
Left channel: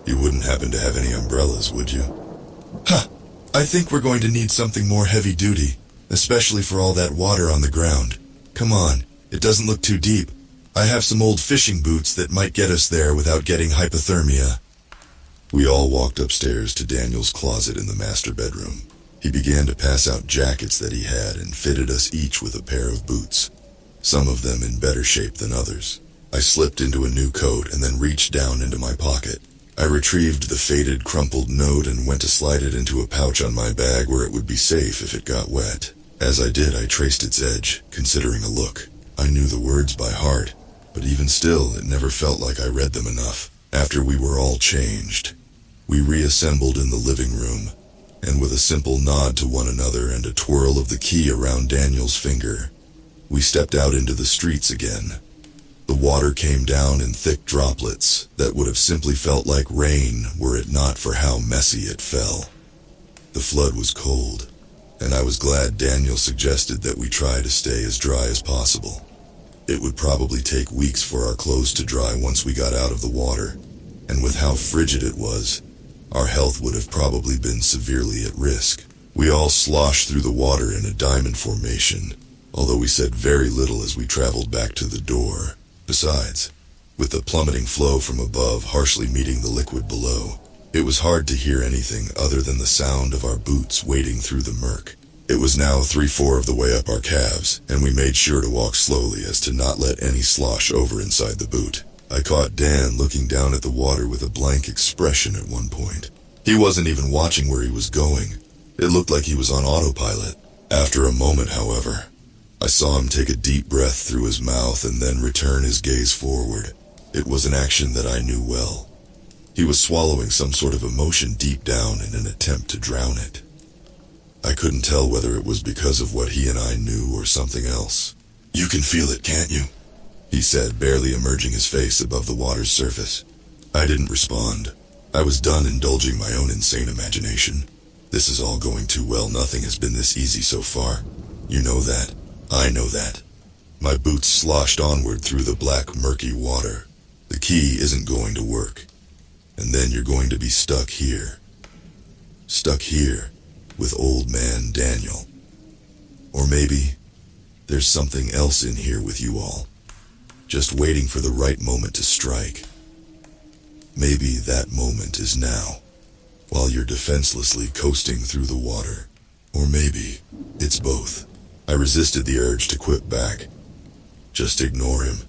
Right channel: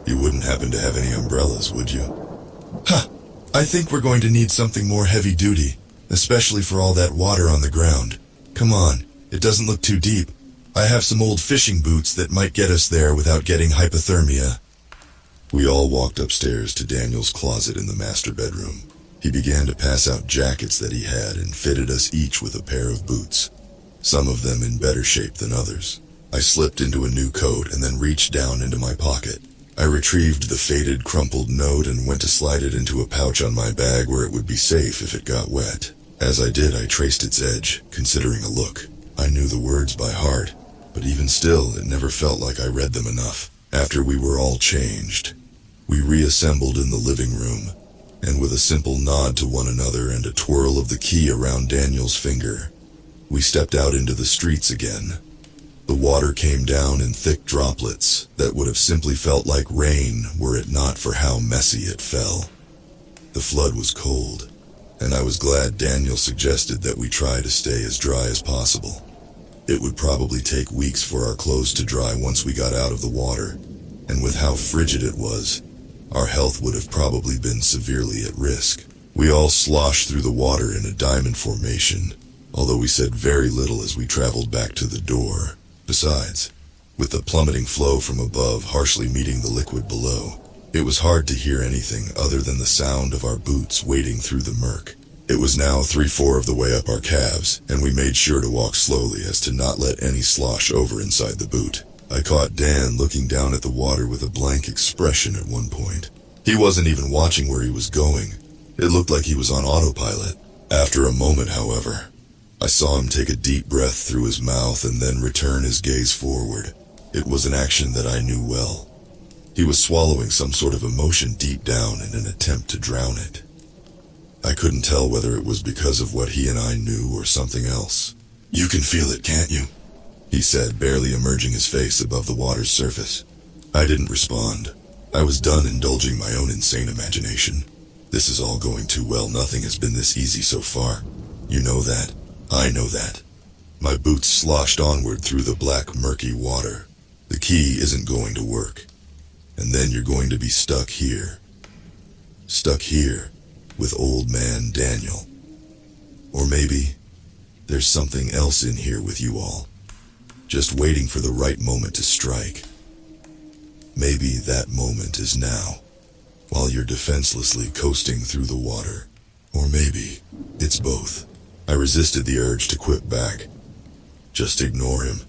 You wouldn't happen to have any umbrellas, would you?" "Huh, I think we're going to need something more heavy duty, especially for all that water on the ground. Come on, it doesn't look too deep. I have some old fishing boots that might get us there without getting hypothermia." We all walked upstairs to Daniel's closet in the master bedroom. He began to pass out jackets that he had and fitted us each with a pair of boots, some of them in better shape than others. I slipped into a new coat and then reached down into my pocket. I retrieved the faded, crumpled note and went to slide it into a pouch on my bag where it would be safe if it got wet. As I did, I traced its edge, considering a look. I knew the words by heart, but even still, it never felt like I read them enough. After we were all changed, we reassembled in the living room, and with a simple nod to one another and a twirl of the key around Daniel's finger, we stepped out into the streets again. The water came down in thick droplets that would have simply felt like rain were it not for how messy it fell. The flood was cold, and I was glad Daniel suggested that we try to stay as dry as possible. It would probably take weeks for our clothes to dry once we got out of the water, and with how frigid it was, our health would have probably been severely at risk. We all sloshed through the water in a diamond formation, although we said very little as we traveled back to the door. Besides, with the plummeting flow from above harshly meeting the liquid below, it was hard to hear anything other than the sound of our boots wading through the murk. It was now 3/4 of the way up our calves, and we made sure to walk slowly as to not let any slosh over inside the boot. I caught Dan looking down at the water with a blank expression at one point. He wasn't even watching where he was going. It looked like he was on autopilot. After a moment, however, I saw him take a deep breath through his mouth and then return his gaze forward. It was an action that I knew well. He was swallowing some sort of emotion deep down in an attempt to drown it. I couldn't tell whether it was because of what he and I knew or something else. "You can feel it, can't you?" he said, barely emerging his face above the water's surface. I didn't respond. I was done indulging my own insane imagination. This is all going too well. Nothing has been this easy so far. You know that. I know that. My boots sloshed onward through the black, murky water. The key isn't going to work. And then you're going to be stuck here. Stuck here with old man Daniel. Or maybe there's something else in here with you all, just waiting for the right moment to strike. Maybe that moment is now, while you're defenselessly coasting through the water. Or maybe it's both. I resisted the urge to quip back. Just ignore him.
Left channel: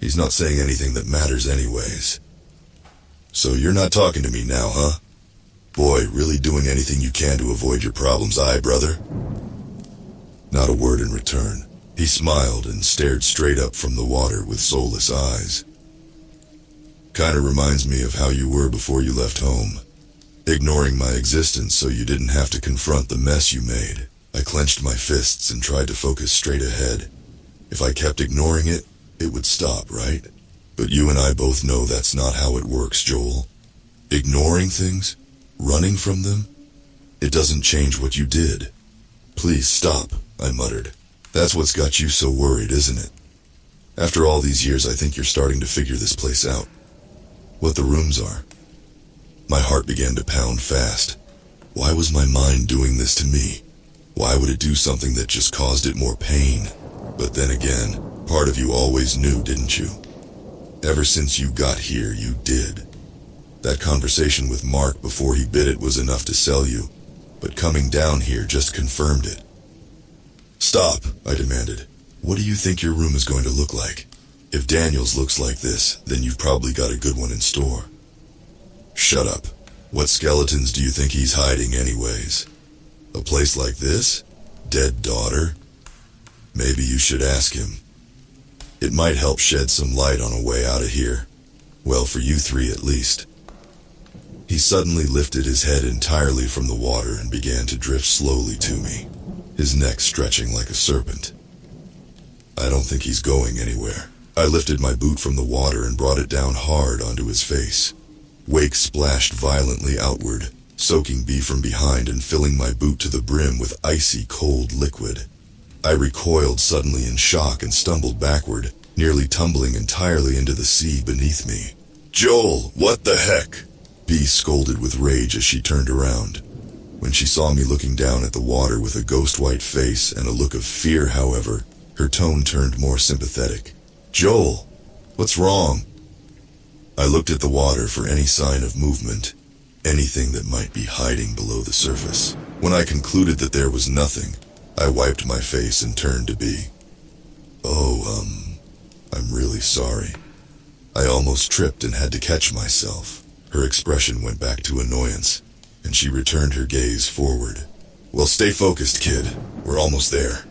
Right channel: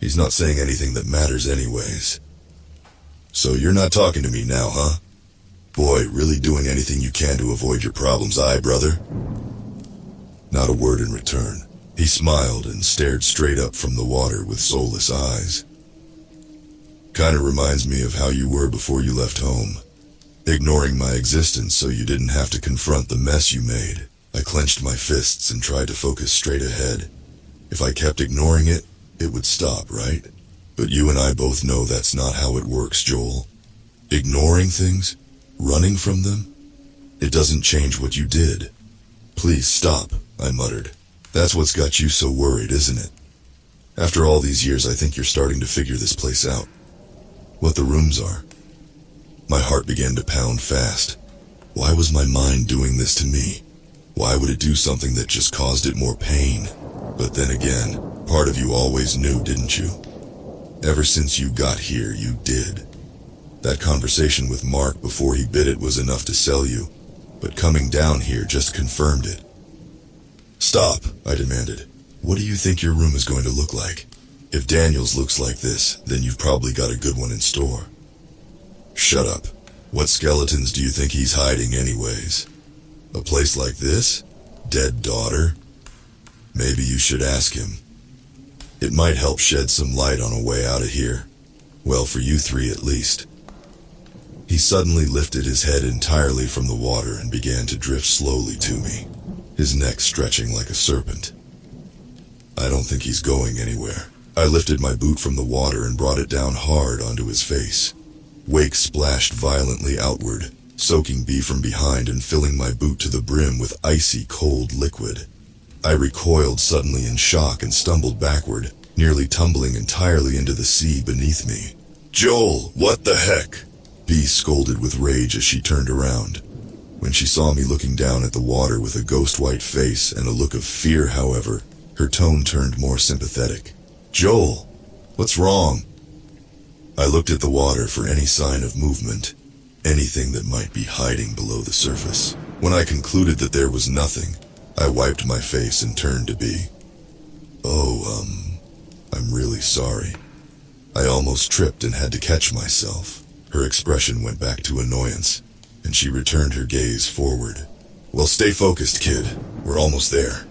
He's not saying anything that matters anyways. "So you're not talking to me now, huh? Boy, really doing anything you can to avoid your problems, brother?" Not a word in return. He smiled and stared straight up from the water with soulless eyes. Kinda reminds me of how you were before you left home, ignoring my existence so you didn't have to confront the mess you made. I clenched my fists and tried to focus straight ahead. If I kept ignoring it, it would stop, right? But you and I both know that's not how it works, Joel. Ignoring things, running from them, it doesn't change what you did. Please stop, I muttered. That's what's got you so worried, isn't it? After all these years, I think you're starting to figure this place out. What the rooms are. My heart began to pound fast. Why was my mind doing this to me? Why would it do something that just caused it more pain? But then again, part of you always knew, didn't you? Ever since you got here, you did. That conversation with Mark before he bit it was enough to sell you, but coming down here just confirmed it. Stop, I demanded. What do you think your room is going to look like? If Daniel's looks like this, then you've probably got a good one in store. Shut up. What skeletons do you think he's hiding anyways? A place like this? Dead daughter? Maybe you should ask him. It might help shed some light on a way out of here. Well, for you three at least. He suddenly lifted his head entirely from the water and began to drift slowly to me, his neck stretching like a serpent. I don't think he's going anywhere. I lifted my boot from the water and brought it down hard onto his face. Wake splashed violently outward, soaking me from behind and filling my boot to the brim with icy cold liquid. I recoiled suddenly in shock and stumbled backward, nearly tumbling entirely into the sea beneath me. Joel, what the heck? Bee scolded with rage as she turned around. When she saw me looking down at the water with a ghost-white face and a look of fear, however, her tone turned more sympathetic. Joel, what's wrong? I looked at the water for any sign of movement, anything that might be hiding below the surface. When I concluded that there was nothing, I wiped my face and turned to Bee. I'm really sorry. I almost tripped and had to catch myself. Her expression went back to annoyance, and she returned her gaze forward. Well, stay focused, kid. We're almost there.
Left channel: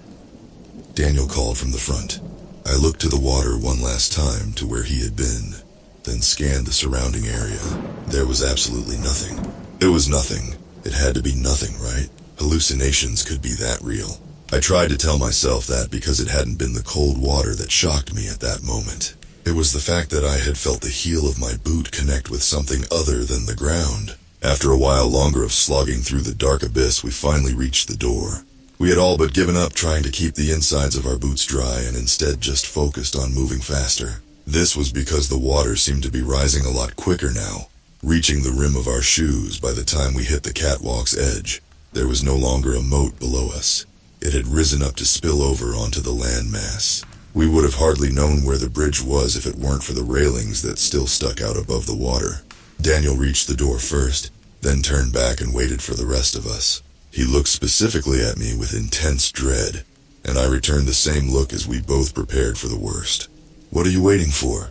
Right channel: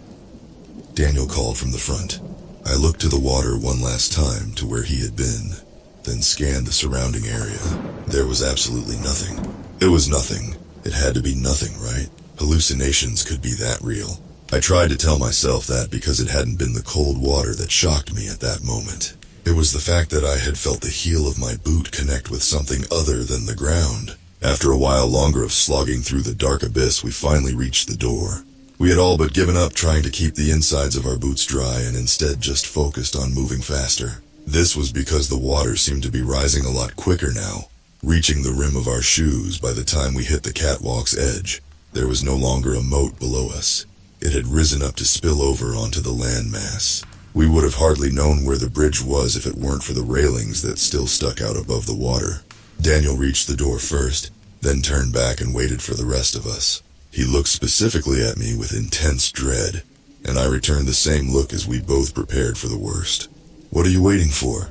Daniel called from the front. I looked to the water one last time to where he had been, then scanned the surrounding area. There was absolutely nothing. It was nothing. It had to be nothing, right? Hallucinations could be that real. I tried to tell myself that because it hadn't been the cold water that shocked me at that moment. It was the fact that I had felt the heel of my boot connect with something other than the ground. After a while longer of slogging through the dark abyss, we finally reached the door. We had all but given up trying to keep the insides of our boots dry and instead just focused on moving faster. This was because the water seemed to be rising a lot quicker now, reaching the rim of our shoes by the time we hit the catwalk's edge. There was no longer a moat below us. It had risen up to spill over onto the landmass. We would have hardly known where the bridge was if it weren't for the railings that still stuck out above the water. Daniel reached the door first, then turned back and waited for the rest of us. He looked specifically at me with intense dread, and I returned the same look as we both prepared for the worst. What are you waiting for?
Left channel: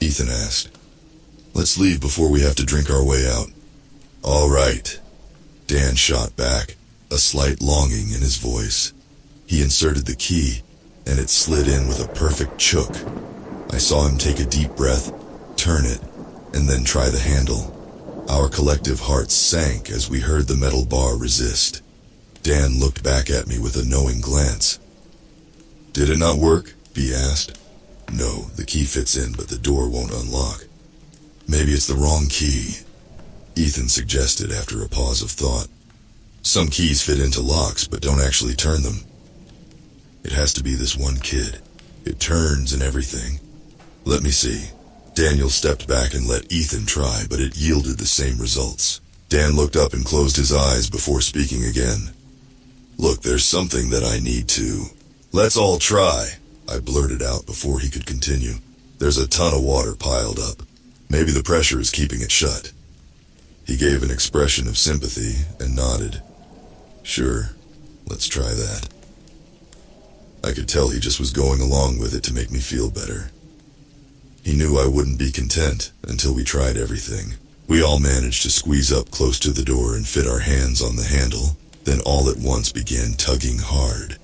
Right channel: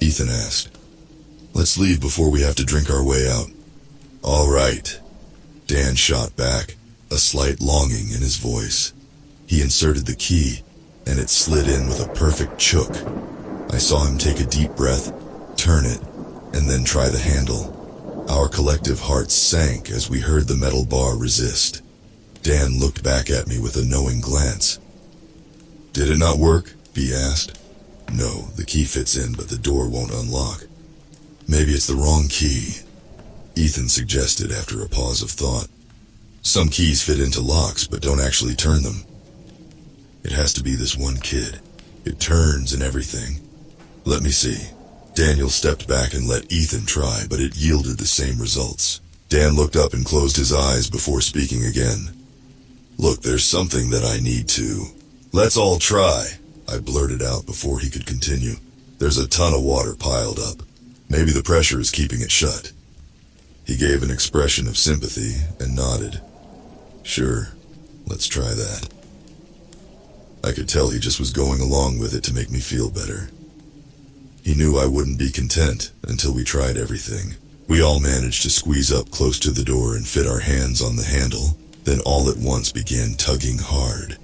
Ethan asked. Let's leave before we have to drink our way out. All right. Dan shot back, a slight longing in his voice. He inserted the key, and it slid in with a perfect chook. I saw him take a deep breath, turn it, and then try the handle. Our collective hearts sank as we heard the metal bar resist. Dan looked back at me with a knowing glance. Did it not work? Bee asked. No, the key fits in, but the door won't unlock. Maybe it's the wrong key, Ethan suggested after a pause of thought. Some keys fit into locks, but don't actually turn them. It has to be this one kid. It turns and everything. Let me see. Daniel stepped back and let Ethan try, but it yielded the same results. Dan looked up and closed his eyes before speaking again. Look, there's something that I need to. Let's all try, I blurted out before he could continue. There's a ton of water piled up. Maybe the pressure is keeping it shut. He gave an expression of sympathy and nodded. Sure, let's try that. I could tell he just was going along with it to make me feel better. He knew I wouldn't be content until we tried everything. We all managed to squeeze up close to the door and fit our hands on the handle, then all at once began tugging hard.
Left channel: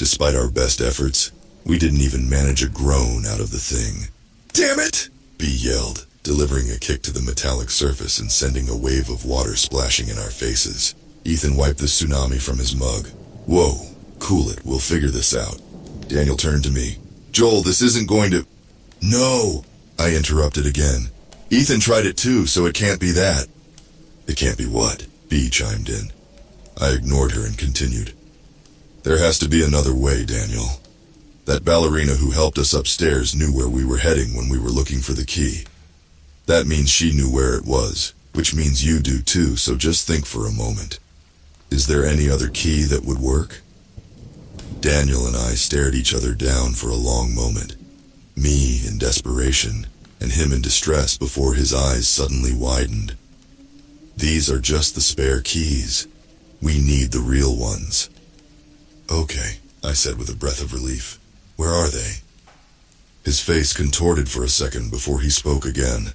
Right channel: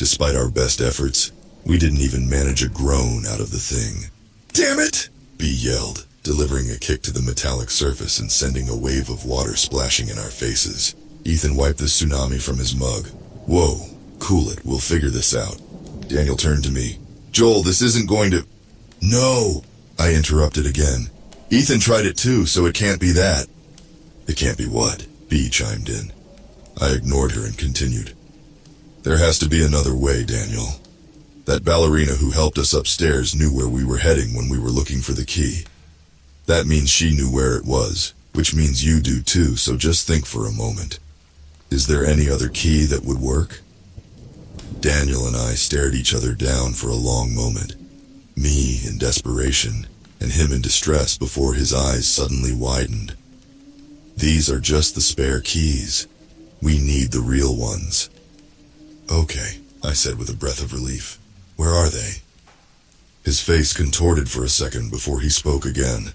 Despite our best efforts, we didn't even manage a groan out of the thing. "Damn it!" B yelled, delivering a kick to the metallic surface and sending a wave of water splashing in our faces. Ethan wiped the tsunami from his mug. "Whoa, cool it, we'll figure this out." Daniel turned to me. "Joel, this isn't going to—" "No!" I interrupted again. "Ethan tried it too, so it can't be that." "It can't be what?" B chimed in. I ignored her and continued. "There has to be another way, Daniel. That ballerina who helped us upstairs knew where we were heading when we were looking for the key. That means she knew where it was, which means you do too, so just think for a moment. Is there any other key that would work?" Daniel and I stared each other down for a long moment, me in desperation, and him in distress before his eyes suddenly widened. "These are just the spare keys. We need the real ones." "Okay," I said with a breath of relief. "Where are they?" His face contorted for a second before he spoke again.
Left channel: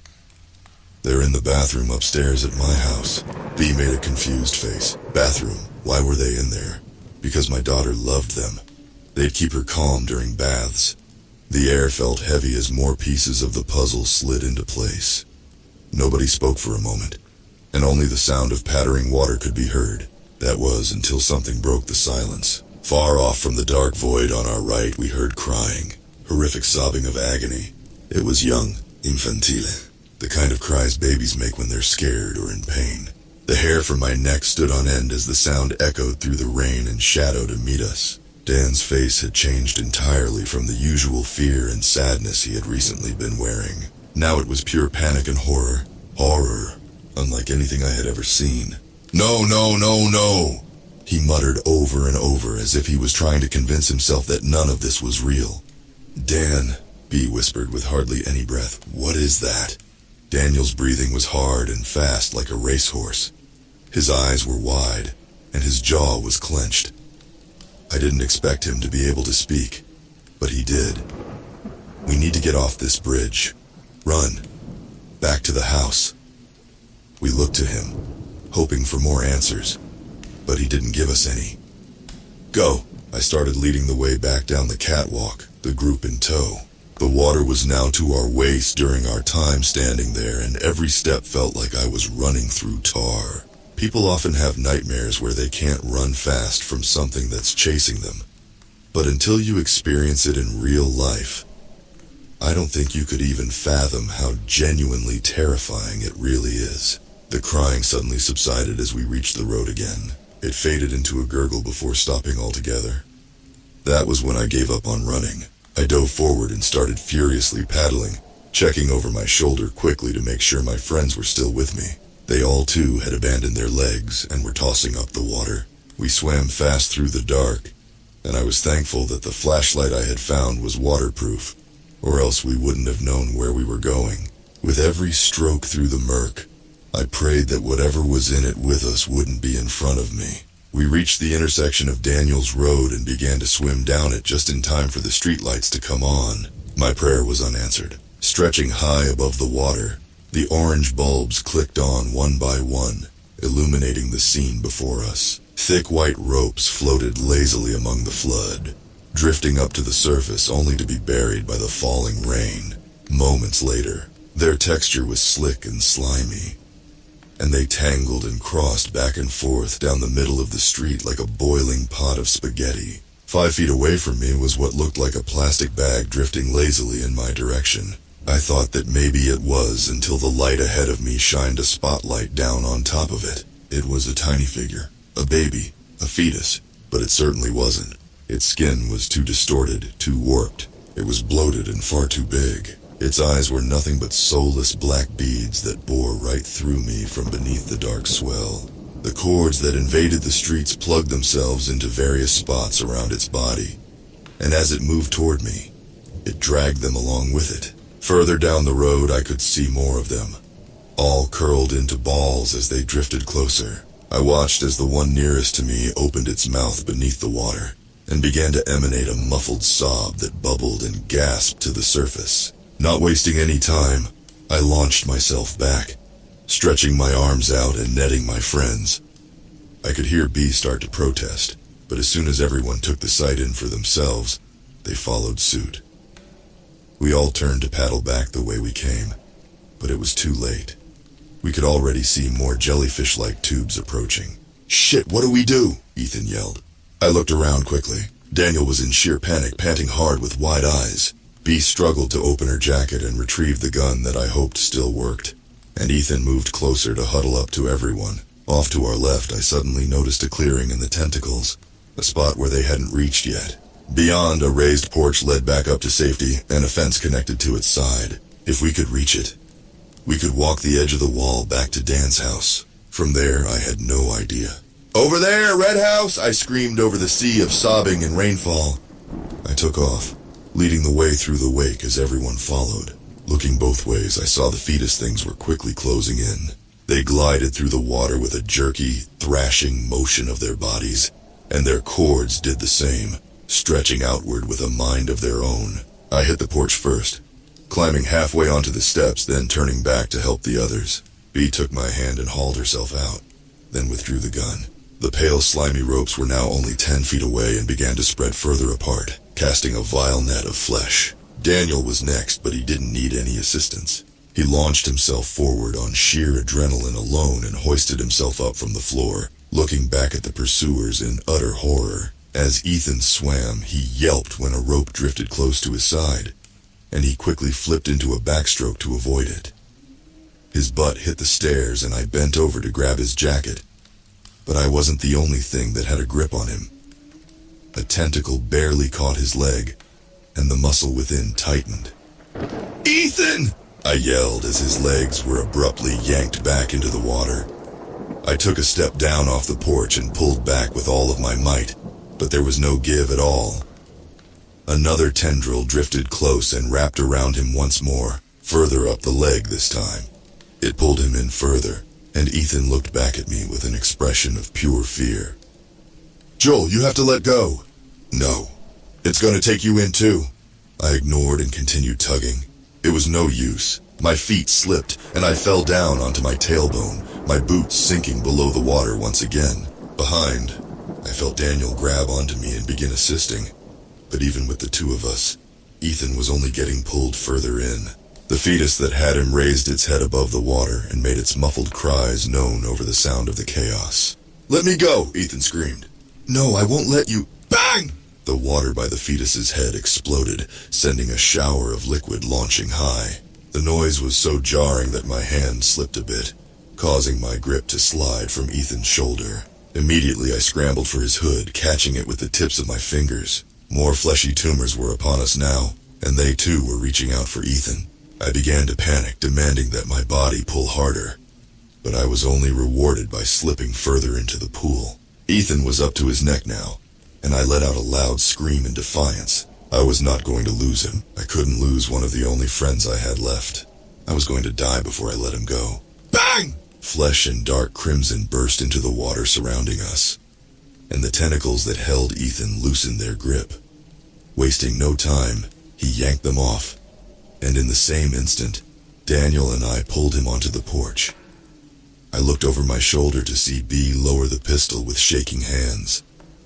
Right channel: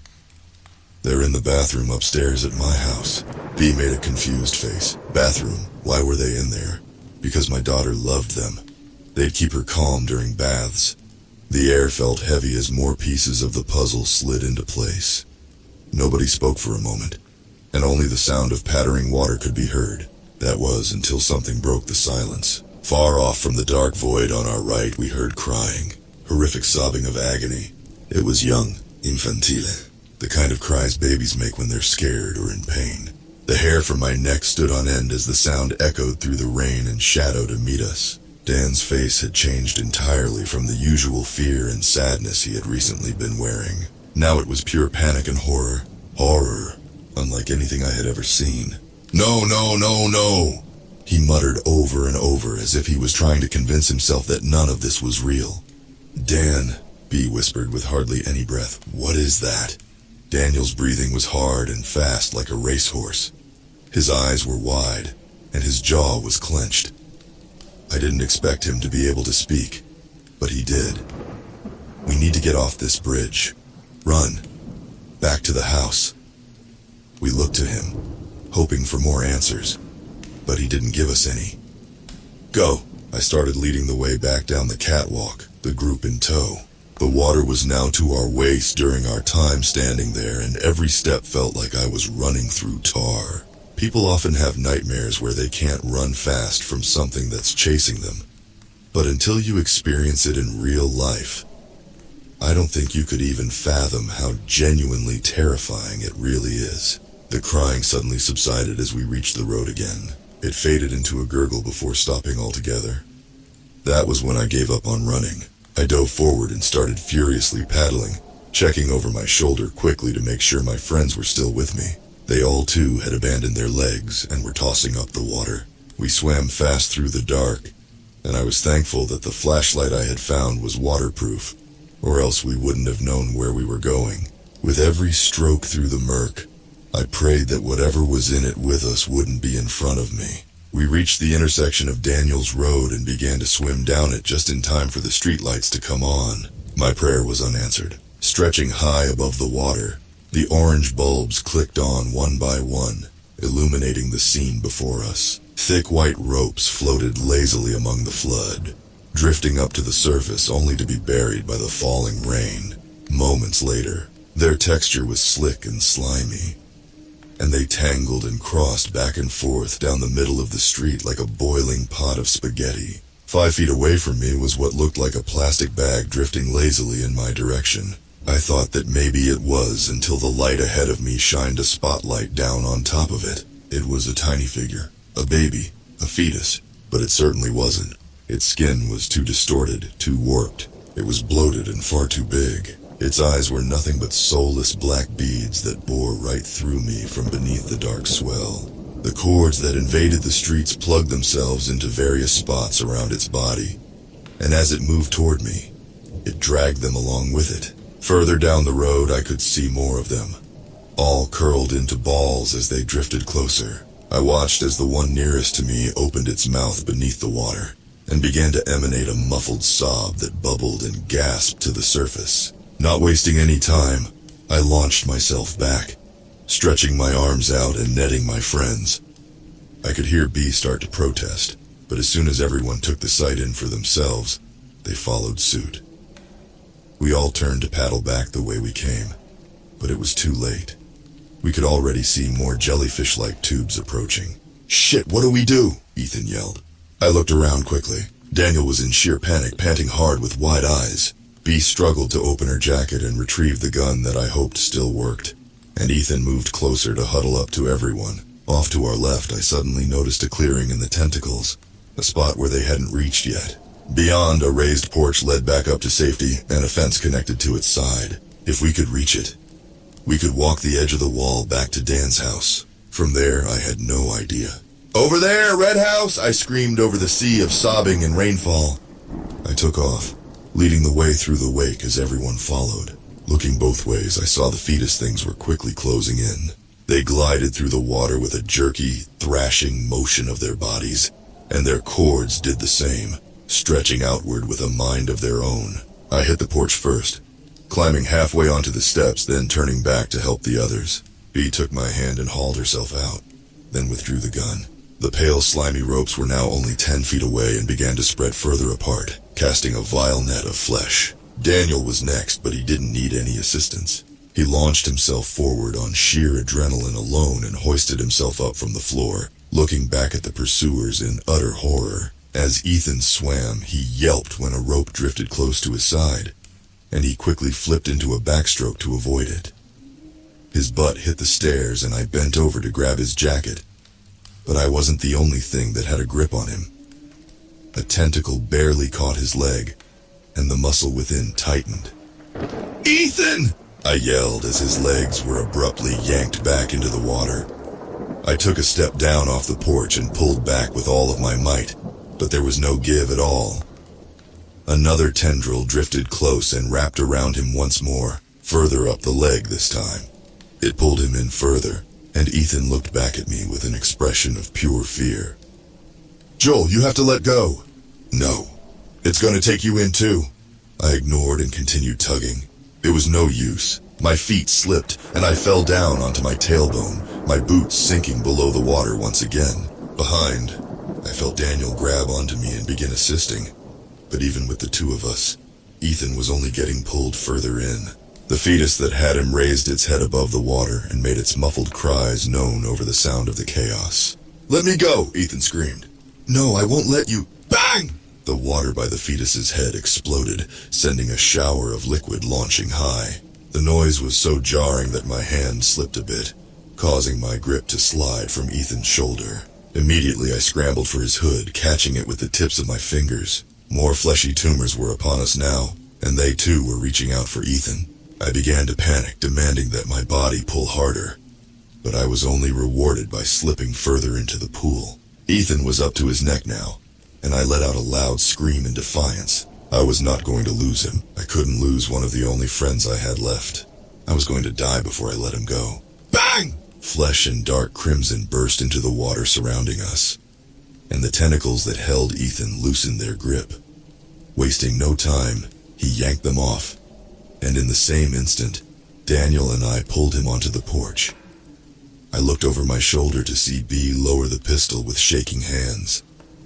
"They're in the bathroom upstairs at my house." B made a confused face. "Bathroom? Why were they in there?" "Because my daughter loved them. They'd keep her calm during baths." The air felt heavy as more pieces of the puzzle slid into place. Nobody spoke for a moment, and only the sound of pattering water could be heard. That was until something broke the silence. Far off from the dark void on our right, we heard crying, horrific sobbing of agony. It was young, infantile, the kind of cries babies make when they're scared or in pain. The hair from my neck stood on end as the sound echoed through the rain and shadow to meet us. Dan's face had changed entirely from the usual fear and sadness he had recently been wearing. Now it was pure panic and horror. Horror, unlike anything I had ever seen. "No, no, no, no!" he muttered over and over as if he was trying to convince himself that none of this was real. "Dan," B whispered with hardly any breath, "what is that?" Daniel's breathing was hard and fast like a racehorse. His eyes were wide, and his jaw was clenched. I didn't expect him to be able to speak, but he did. "We need to get off this bridge. Run. Back to the house." We looked to him, hoping for more answers, but he didn't give us any. "Go." I started leading the way back down the catwalk, the group in tow. The water was now to our waist during our time standing there, and every step felt like I was running through tar. People often have nightmares where they can't run fast from something that's chasing them. But until you experience it in real life, I don't think you could even fathom how genuinely terrifying it really is. The crying suddenly subsided as we reached the road again. It faded into a gurgle before stopping altogether. That was when I gave up on running. I dove forward and started furiously paddling, checking over my shoulder quickly to make sure my friends were still with me. They all too had abandoned their legs and were tossing up the water. We swam fast through the dark, and I was thankful that the flashlight I had found was waterproof, or else we wouldn't have known where we were going. With every stroke through the murk, I prayed that whatever was in it with us wouldn't be in front of me. We reached the intersection of Daniel's Road and began to swim down it just in time for the streetlights to come on. My prayer was unanswered. Stretching high above the water, the orange bulbs clicked on one by one, illuminating the scene before us. Thick white ropes floated lazily among the flood, drifting up to the surface only to be buried by the falling rain. Moments later, their texture was slick and slimy, and they tangled and crossed back and forth down the middle of the street like a boiling pot of spaghetti. 5 feet away from me was what looked like a plastic bag drifting lazily in my direction. I thought that maybe it was until the light ahead of me shined a spotlight down on top of it. It was a tiny figure, a baby, a fetus, but it certainly wasn't. Its skin was too distorted, too warped. It was bloated and far too big. Its eyes were nothing but soulless black beads that bore right through me from beneath the dark swell. The cords that invaded the streets plugged themselves into various spots around its body, and as it moved toward me, it dragged them along with it. Further down the road, I could see more of them, all curled into balls as they drifted closer. I watched as the one nearest to me opened its mouth beneath the water and began to emanate a muffled sob that bubbled and gasped to the surface. Not wasting any time, I launched myself back, stretching my arms out and netting my friends. I could hear B start to protest, but as soon as everyone took the sight in for themselves, they followed suit. We all turned to paddle back the way we came, but it was too late. We could already see more jellyfish-like tubes approaching. "Shit, what do we do?" Ethan yelled. I looked around quickly. Daniel was in sheer panic, panting hard with wide eyes. Bee struggled to open her jacket and retrieve the gun that I hoped still worked, and Ethan moved closer to huddle up to everyone. Off to our left, I suddenly noticed a clearing in the tentacles, a spot where they hadn't reached yet. Beyond, a raised porch led back up to safety, and a fence connected to its side. If we could reach it, we could walk the edge of the wall back to Dan's house. From there, I had no idea. "Over there, Red House!" I screamed over the sea of sobbing and rainfall. I took off, leading the way through the wake as everyone followed. Looking both ways, I saw the fetus things were quickly closing in. They glided through the water with a jerky, thrashing motion of their bodies, and their cords did the same, stretching outward with a mind of their own. I hit the porch first, climbing halfway onto the steps, then turning back to help the others. Bee took my hand and hauled herself out, then withdrew the gun. The pale, slimy ropes were now only 10 feet away and began to spread further apart, casting a vile net of flesh. Daniel was next, but he didn't need any assistance. He launched himself forward on sheer adrenaline alone and hoisted himself up from the floor, looking back at the pursuers in utter horror. As Ethan swam, he yelped when a rope drifted close to his side, and he quickly flipped into a backstroke to avoid it. His butt hit the stairs and I bent over to grab his jacket, but I wasn't the only thing that had a grip on him. A tentacle barely caught his leg, and the muscle within tightened. "Ethan!" I yelled as his legs were abruptly yanked back into the water. I took a step down off the porch and pulled back with all of my might, but there was no give at all. Another tendril drifted close and wrapped around him once more, further up the leg this time. It pulled him in further, and Ethan looked back at me with an expression of pure fear. "Joel, you have to let go." "No, it's gonna take you in too." I ignored and continued tugging. It was no use. My feet slipped, and I fell down onto my tailbone, my boots sinking below the water once again. Behind, I felt Daniel grab onto me and begin assisting. But even with the two of us, Ethan was only getting pulled further in. The fetus that had him raised its head above the water and made its muffled cries known over the sound of the chaos. "Let me go!" Ethan screamed. "No, I won't let you." Bang! The water by the fetus's head exploded, sending a shower of liquid launching high. The noise was so jarring that my hand slipped a bit, causing my grip to slide from Ethan's shoulder. Immediately I scrambled for his hood, catching it with the tips of my fingers. More fleshy tumors were upon us now, and they too were reaching out for Ethan. I began to panic, demanding that my body pull harder, but I was only rewarded by slipping further into the pool. Ethan was up to his neck now, and I let out a loud scream in defiance. I was not going to lose him. I couldn't lose one of the only friends I had left. I was going to die before I let him go. Bang! Flesh and dark crimson burst into the water surrounding us, and the tentacles that held Ethan loosened their grip. Wasting no time, he yanked them off, and in the same instant, Daniel and I pulled him onto the porch. I looked over my shoulder to see Bee lower the pistol with shaking hands,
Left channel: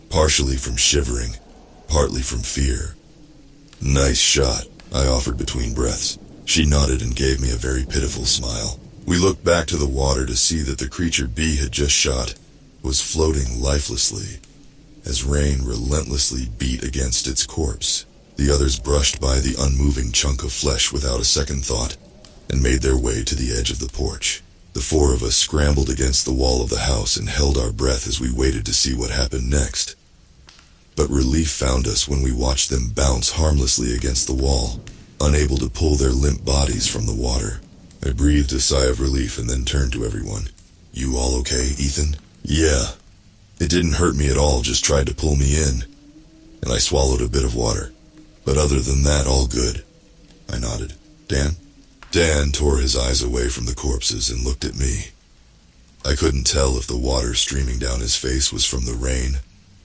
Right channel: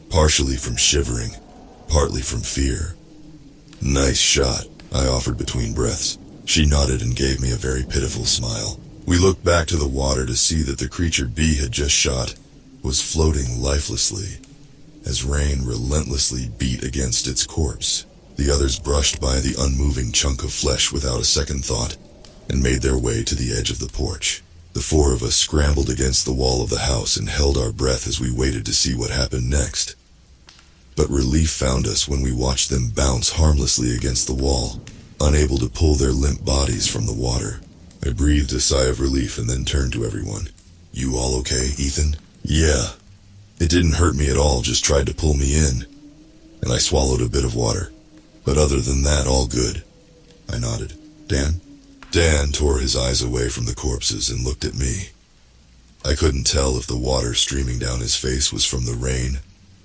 partially from shivering, partly from fear. "Nice shot," I offered between breaths. She nodded and gave me a very pitiful smile. We looked back to the water to see that the creature Bee had just shot was floating lifelessly, as rain relentlessly beat against its corpse. The others brushed by the unmoving chunk of flesh without a second thought, and made their way to the edge of the porch. The four of us scrambled against the wall of the house and held our breath as we waited to see what happened next. But relief found us when we watched them bounce harmlessly against the wall, unable to pull their limp bodies from the water. I breathed a sigh of relief and then turned to everyone. "You all okay, Ethan?" "Yeah. It didn't hurt me at all, just tried to pull me in." And I swallowed a bit of water. "But other than that, all good." I nodded. "Dan?" Dan tore his eyes away from the corpses and looked at me. I couldn't tell if the water streaming down his face was from the rain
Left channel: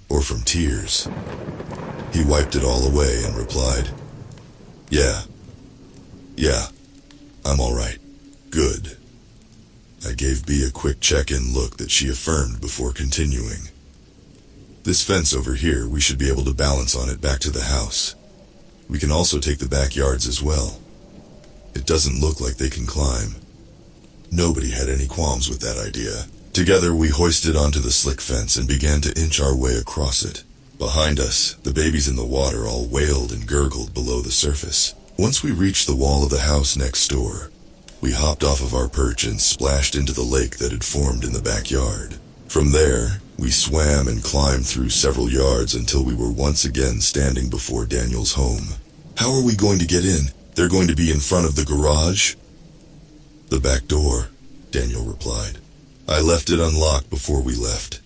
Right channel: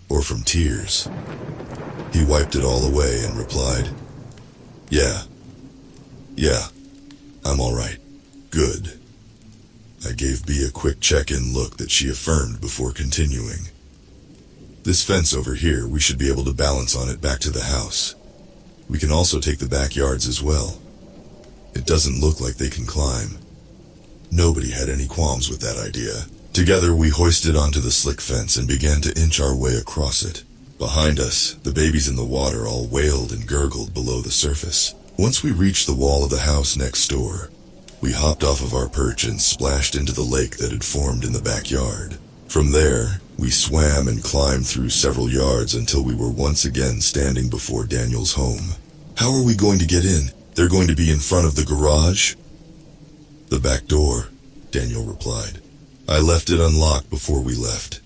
or from tears. He wiped it all away and replied, Yeah, I'm all right. Good." I gave Bea a quick check-in look that she affirmed before continuing. This fence over here, we should be able to balance on it back to the house. We can also take the backyards as well. It doesn't look like they can climb. Nobody had any qualms with that idea. Together we hoisted onto the slick fence and began to inch our way across it. Behind us, the babies in the water all wailed and gurgled below the surface. Once we reached the wall of the house next door, we hopped off of our perch and splashed into the lake that had formed in the backyard. From there, we swam and climbed through several yards until we were once again standing before Daniel's home. How are we going to get in? They're going to be in front of the garage? The back door, Daniel replied. I left it unlocked before we left.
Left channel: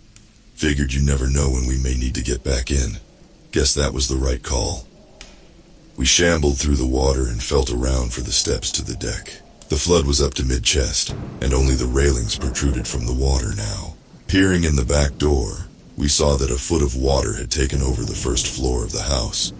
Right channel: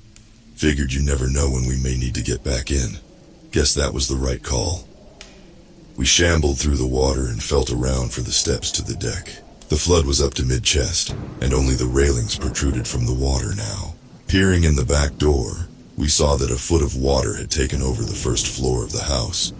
Figured you never know when we may need to get back in. Guess that was the right call. We shambled through the water and felt around for the steps to the deck. The flood was up to mid-chest, and only the railings protruded from the water now. Peering in the back door, we saw that a foot of water had taken over the first floor of the house,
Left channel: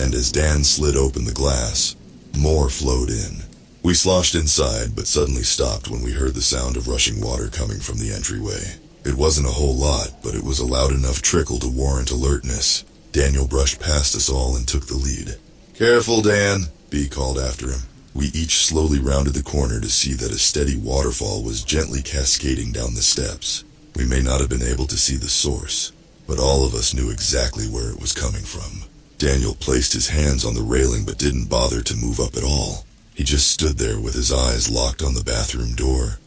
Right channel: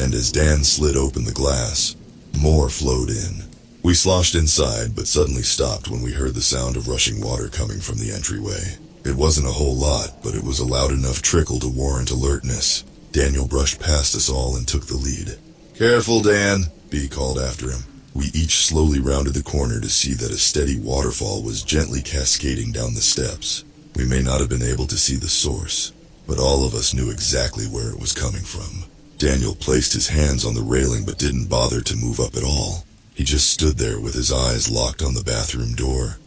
and as Dan slid open the glass, more flowed in. We sloshed inside, but suddenly stopped when we heard the sound of rushing water coming from the entryway. It wasn't a whole lot, but it was a loud enough trickle to warrant alertness. Daniel brushed past us all and took the lead. Careful, Dan, B called after him. We each slowly rounded the corner to see that a steady waterfall was gently cascading down the steps. We may not have been able to see the source, but all of us knew exactly where it was coming from. Daniel placed his hands on the railing but didn't bother to move up at all. He just stood there with his eyes locked on the bathroom door,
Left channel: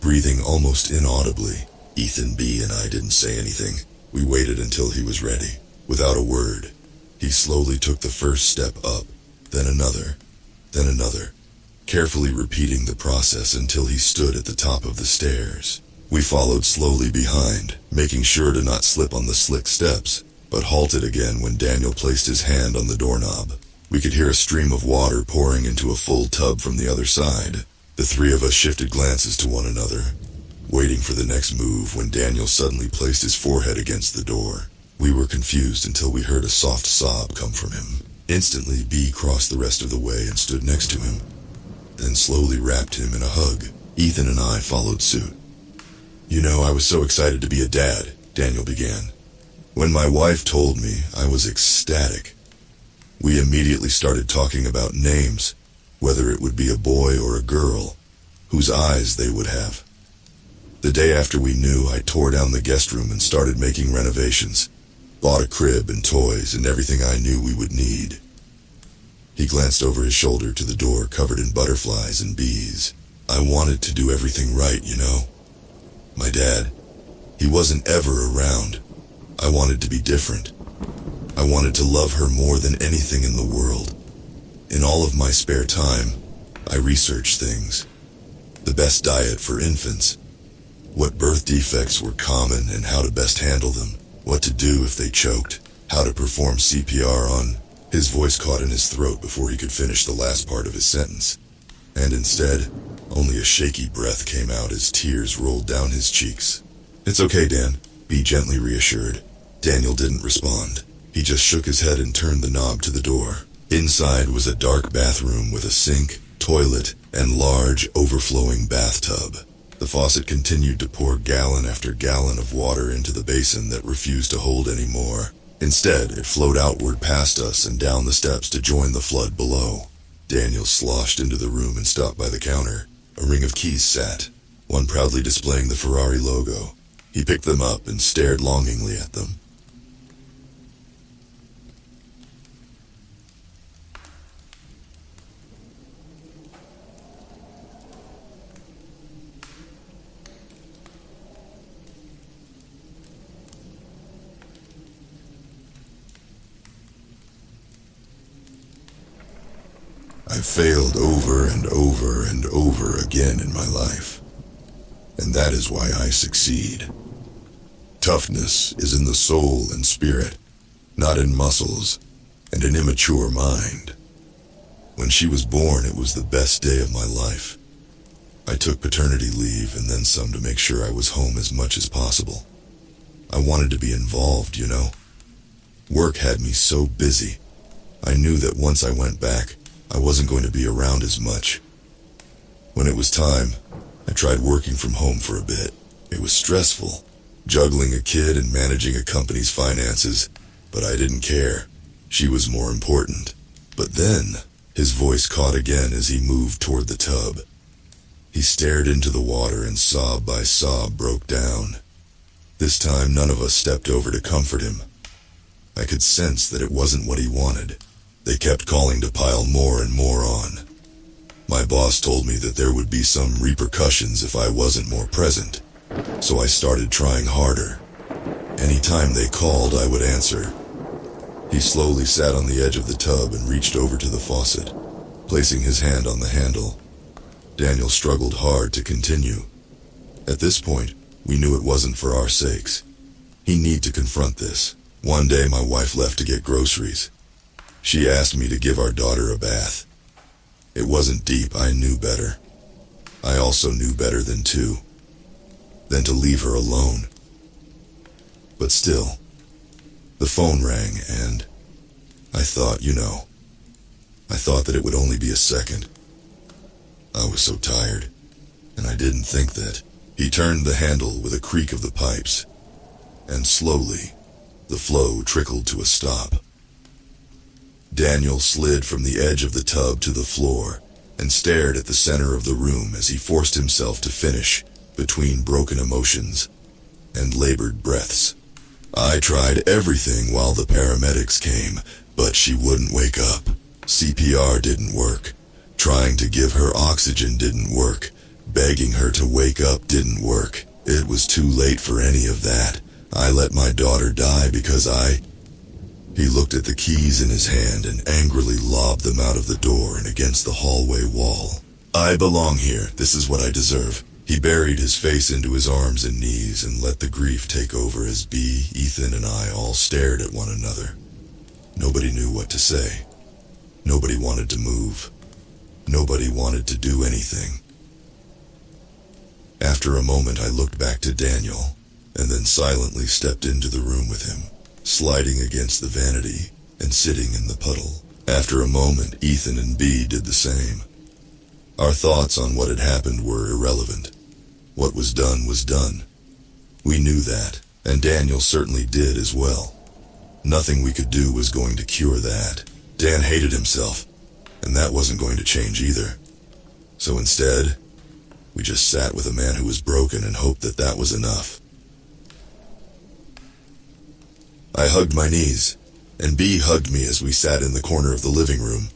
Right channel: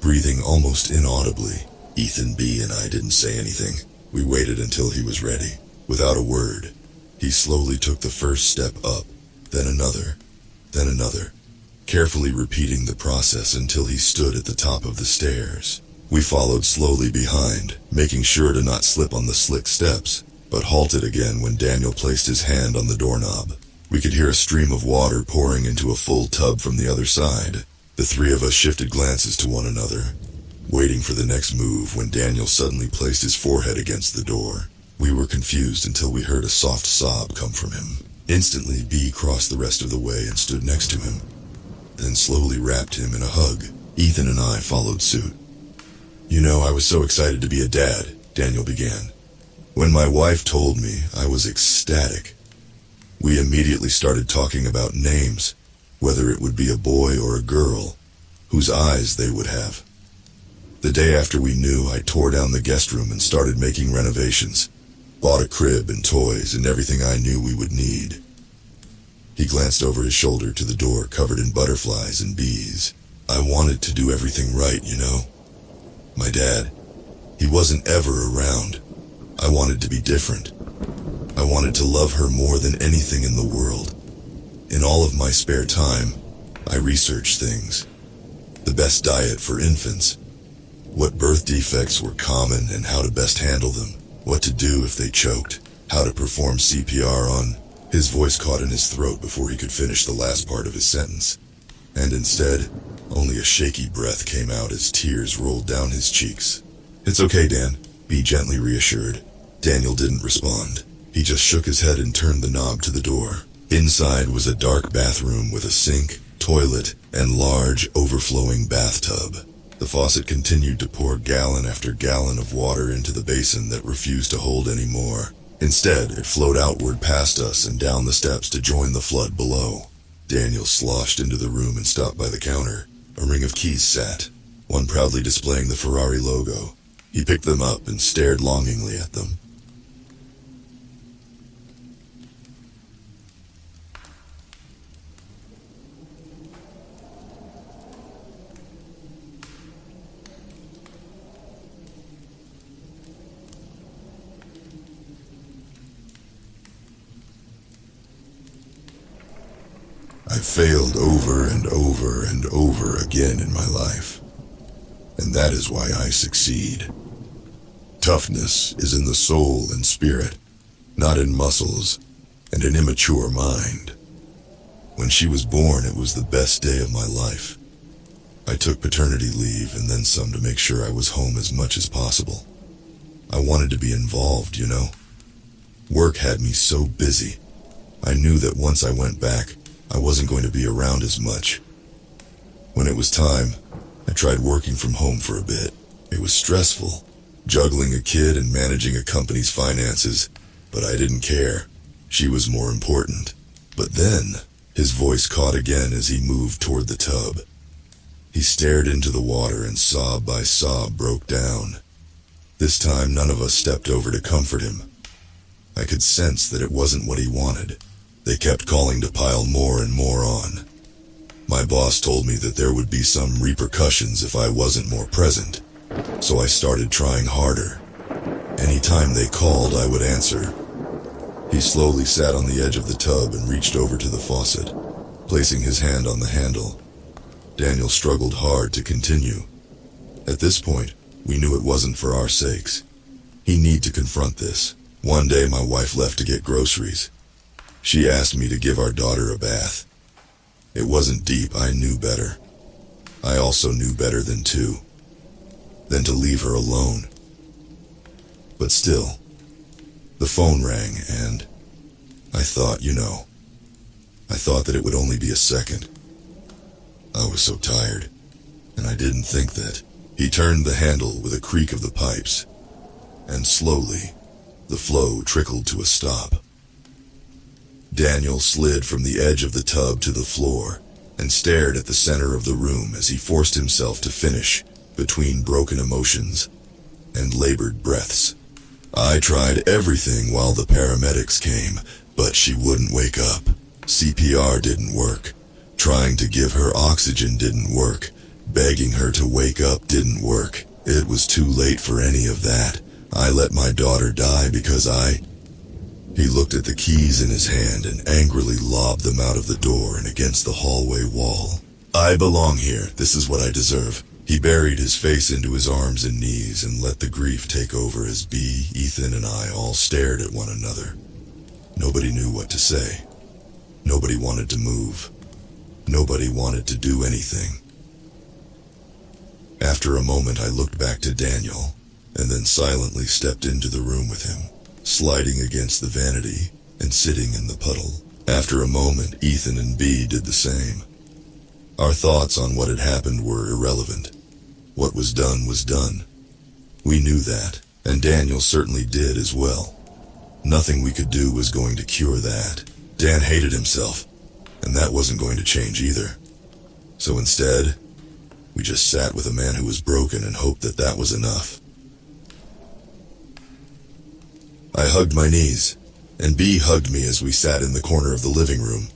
breathing almost inaudibly. Ethan B. and I didn't say anything. We waited until he was ready. Without a word, he slowly took the first step up, then another, carefully repeating the process until he stood at the top of the stairs. We followed slowly behind, making sure to not slip on the slick steps, but halted again when Daniel placed his hand on the doorknob. We could hear a stream of water pouring into a full tub from the other side. The three of us shifted glances to one another, waiting for the next move when Daniel suddenly placed his forehead against the door. We were confused until we heard a soft sob come from him. Instantly, B crossed the rest of the way and stood next to him, then slowly wrapped him in a hug. Ethan and I followed suit. You know, I was so excited to be a dad, Daniel began. When my wife told me, I was ecstatic. We immediately started talking about names, whether it would be a boy or a girl, whose eyes they would have. The day after we knew, I tore down the guest room and started making renovations. Bought a crib and toys and everything I knew we would need. He glanced over his shoulder to the door covered in butterflies and bees. I wanted to do everything right, you know. My dad, he wasn't ever around. I wanted to be different. I wanted to love her more than anything in the world. In all of my spare time, I researched things. The best diet for infants, what birth defects were common and how to best handle them, what to do if they choked, how to perform CPR on. His voice caught in his throat before he could finish the last part of his sentence. And instead, only a shaky breath came out as tears rolled down his cheeks. It's okay, Dan, B gently reassured. Daniel didn't respond. He just shook his head and turned the knob to the door. Inside was a dark bathroom with a sink, toilet, and large, overflowing bathtub. The faucet continued to pour gallon after gallon of water into the basin that refused to hold any more. Instead, it flowed outward past us and down the steps to join the flood below. Daniel sloshed into the room and stopped by the counter. A ring of keys sat, one proudly displaying the Ferrari logo. He picked them up and stared longingly at them. I failed over and over and over again in my life, and that is why I succeed. Toughness is in the soul and spirit, not in muscles and an immature mind. When she was born, it was the best day of my life. I took paternity leave and then some to make sure I was home as much as possible. I wanted to be involved, you know. Work had me so busy. I knew that once I went back, I wasn't going to be around as much. When it was time, I tried working from home for a bit. It was stressful, juggling a kid and managing a company's finances, but I didn't care. She was more important. But then, his voice caught again as he moved toward the tub. He stared into the water and sob by sob broke down. This time none of us stepped over to comfort him. I could sense that it wasn't what he wanted. They kept calling to pile more and more on. My boss told me that there would be some repercussions if I wasn't more present, so I started trying harder. Anytime they called, I would answer. He slowly sat on the edge of the tub and reached over to the faucet, placing his hand on the handle. Daniel struggled hard to continue. At this point, we knew it wasn't for our sakes. He needed to confront this. One day my wife left to get groceries. She asked me to give our daughter a bath. It wasn't deep, I knew better. I also knew better than to leave her alone. But still, the phone rang and I thought, I thought that it would only be a second. I was so tired, and I didn't think that. He turned the handle with a creak of the pipes, and slowly, the flow trickled to a stop. Daniel slid from the edge of the tub to the floor and stared at the center of the room as he forced himself to finish between broken emotions and labored breaths. I tried everything while the paramedics came, but she wouldn't wake up. CPR didn't work. Trying to give her oxygen didn't work. Begging her to wake up didn't work. It was too late for any of that. I let my daughter die because He looked at the keys in his hand and angrily lobbed them out of the door and against the hallway wall. I belong here. This is what I deserve. He buried his face into his arms and knees and let the grief take over as B, Ethan, and I all stared at one another. Nobody knew what to say. Nobody wanted to move. Nobody wanted to do anything. After a moment, I looked back to Daniel, and then silently stepped into the room with him, sliding against the vanity and sitting in the puddle. After a moment, Ethan and B did the same. Our thoughts on what had happened were irrelevant. What was done was done. We knew that, and Daniel certainly did as well. Nothing we could do was going to cure that. Dan hated himself, and that wasn't going to change either. So instead, we just sat with a man who was broken and hoped that that was enough. I hugged my knees, and B hugged me as we sat in the corner of the living room.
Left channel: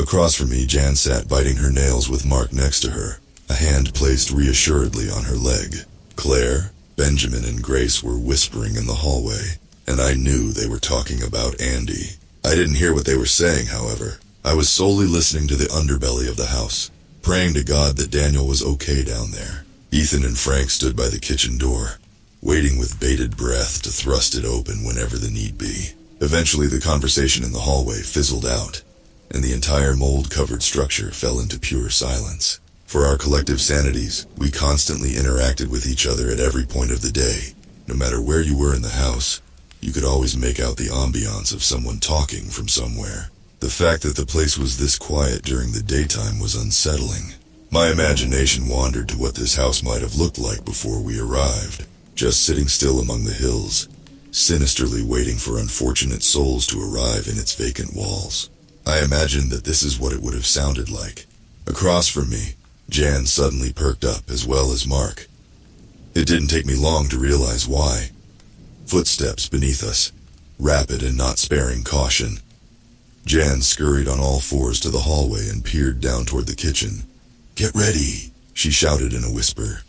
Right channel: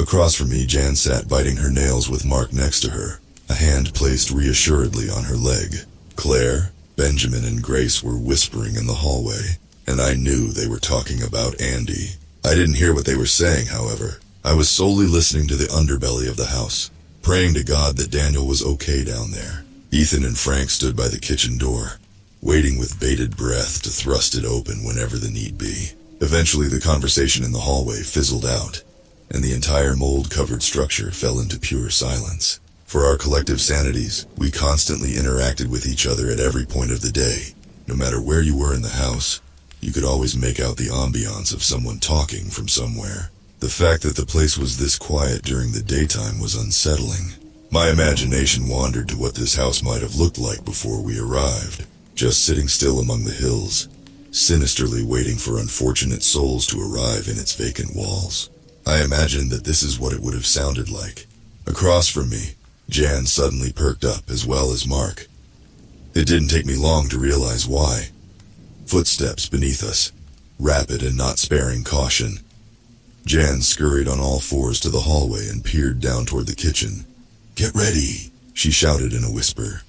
Across from me, Jan sat biting her nails with Mark next to her, a hand placed reassuredly on her leg. Claire, Benjamin, and Grace were whispering in the hallway, and I knew they were talking about Andy. I didn't hear what they were saying, however. I was solely listening to the underbelly of the house, praying to God that Daniel was okay down there. Ethan and Frank stood by the kitchen door, waiting with bated breath to thrust it open whenever the need be. Eventually, the conversation in the hallway fizzled out, and the entire mold-covered structure fell into pure silence. For our collective sanities, we constantly interacted with each other at every point of the day. No matter where you were in the house, you could always make out the ambiance of someone talking from somewhere. The fact that the place was this quiet during the daytime was unsettling. My imagination wandered to what this house might have looked like before we arrived, just sitting still among the hills, sinisterly waiting for unfortunate souls to arrive in its vacant walls. I imagined that this is what it would have sounded like. Across from me, Jan suddenly perked up, as well as Mark. It didn't take me long to realize why. Footsteps beneath us, rapid and not sparing caution. Jan scurried on all fours to the hallway and peered down toward the kitchen. "Get ready," she shouted in a whisper.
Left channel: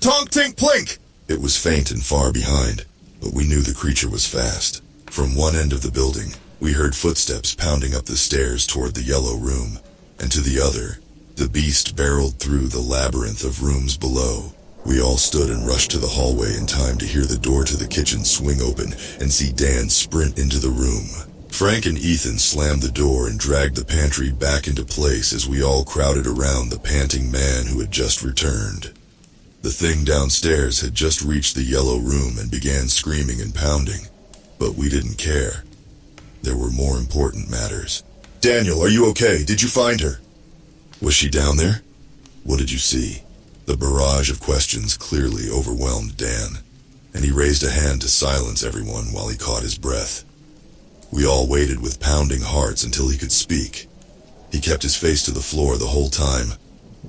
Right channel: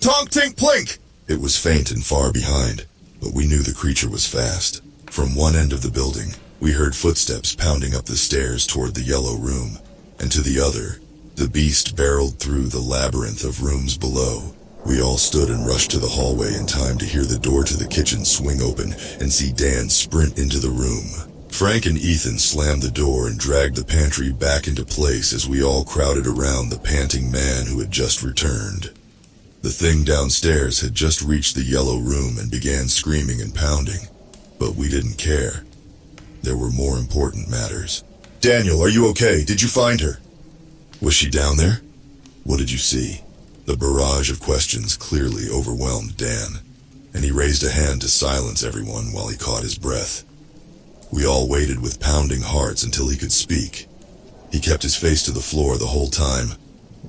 "Tonk tink plink!" It was faint and far behind, but we knew the creature was fast. From one end of the building, we heard footsteps pounding up the stairs toward the yellow room, and to the other, the beast barreled through the labyrinth of rooms below. We all stood and rushed to the hallway in time to hear the door to the kitchen swing open and see Dan sprint into the room. Frank and Ethan slammed the door and dragged the pantry back into place as we all crowded around the panting man who had just returned. The thing downstairs had just reached the yellow room and began screaming and pounding, but we didn't care. There were more important matters. "Daniel, are you okay? Did you find her? Was she down there? What did you see?" The barrage of questions clearly overwhelmed Dan. and he raised a hand to silence everyone while he caught his breath. We all waited with pounding hearts until he could speak. He kept his face to the floor the whole time,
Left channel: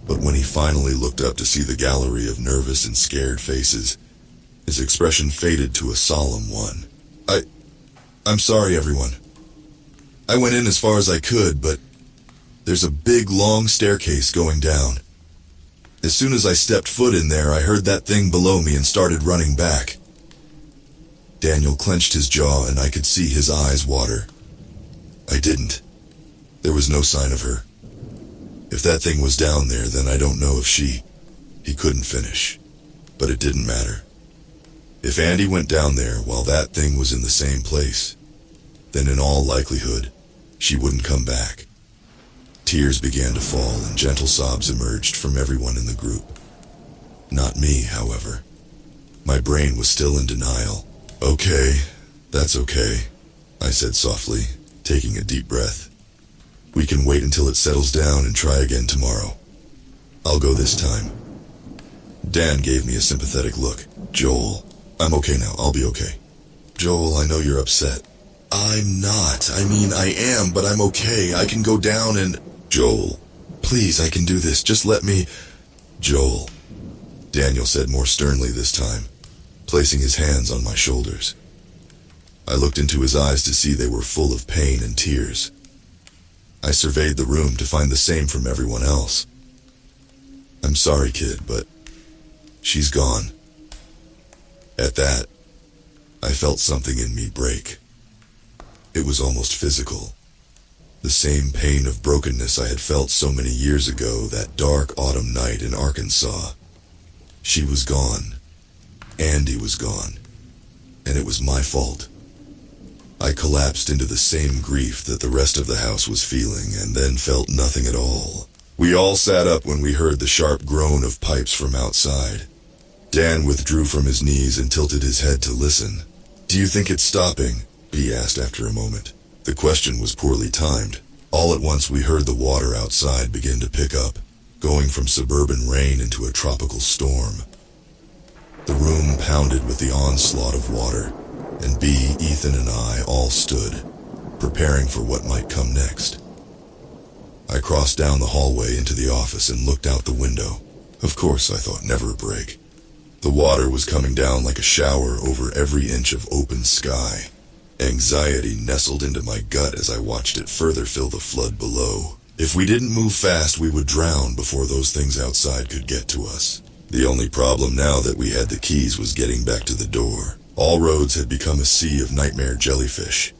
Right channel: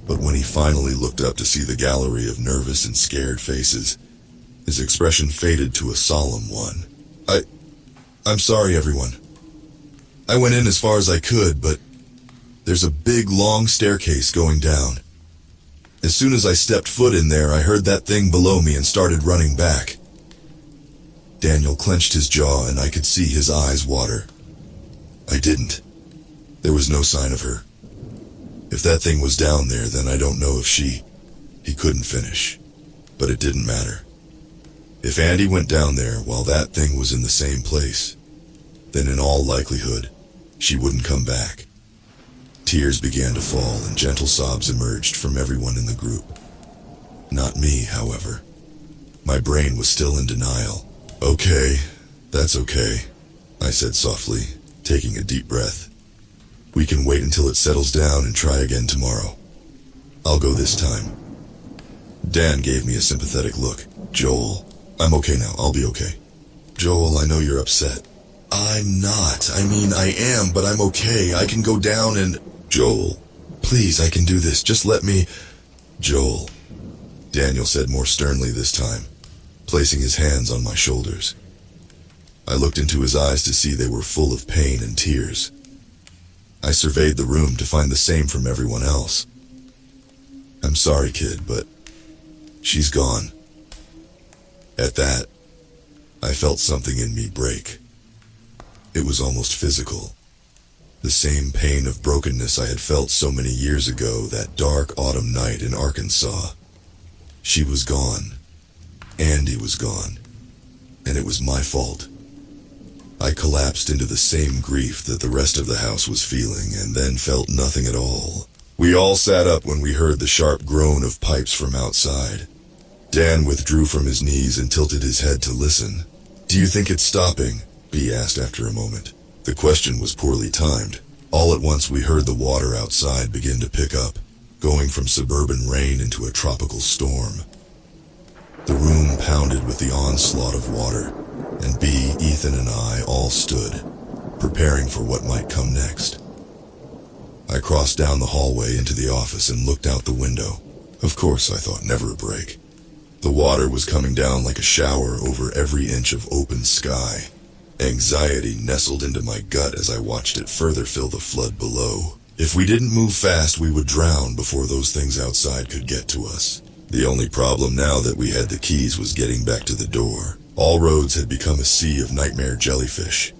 but when he finally looked up to see the gallery of nervous and scared faces, his expression faded to a solemn one. I'm sorry, everyone. I went in as far as I could, but there's a big, long staircase going down. As soon as I stepped foot in there, I heard that thing below me and started running back. Daniel clenched his jaw and I could see his eyes water. I didn't. There was no sign of her. If that thing was down there, then I don't know if he couldn't finish. But it didn't matter. If Andy went down there while that thing was in the same place, then in all likelihood, she wouldn't come back. Tears began to fall and gentle sobs emerged from everyone in the group. Not me, however. My brain was still in denial. Okay, that's okay, I said softly, taking a deep breath. We can wait until it settles down and try again tomorrow. I'll go this time. Dan gave me a sympathetic look. Joel, I'm okay now, I'll be okay. Joel, I know you're upset. I'm not. I am, but I'm okay. I can go down and... Joel, please, I can do this. Just let me... Joel, Daniel said more sternly this time, placing his hands on my shoulders. I looked into his eyes to see they were full of pain and tears. I surveyed the room to find the same from everyone else. I'm sorry, kid, but she's gone. At that, I felt something in me break. It was almost physical. The same pain of brokenness I had felt so many years ago that dark autumn night in Arkansas. She was gone. Andy was gone. And it was my fault. I collapsed into the same grief that the rest of the house was feeling and then felt nothing at all. We all sat up when we heard the sharp groan of pipes from outside. Dan withdrew from his knees and tilted his head to listen. Do you think it's stopping? B asked after a moment. The question was poorly timed. All at once we heard the water outside begin to pick up, going from suburban rain into a tropical storm. The room pounded with the onslaught of water, and B, Ethan, and I all stood, preparing for what might come next. I crossed down the hallway into the office and looked out the window. Of course, I thought, never a break. The water was coming down like a shower over every inch of open sky. Anxiety nestled into my gut as I watched it further fill the flood below. If we didn't move fast, we would drown before those things outside could get to us. The only problem now that we had the keys was getting back to the door. All roads had become a sea of nightmare jellyfish.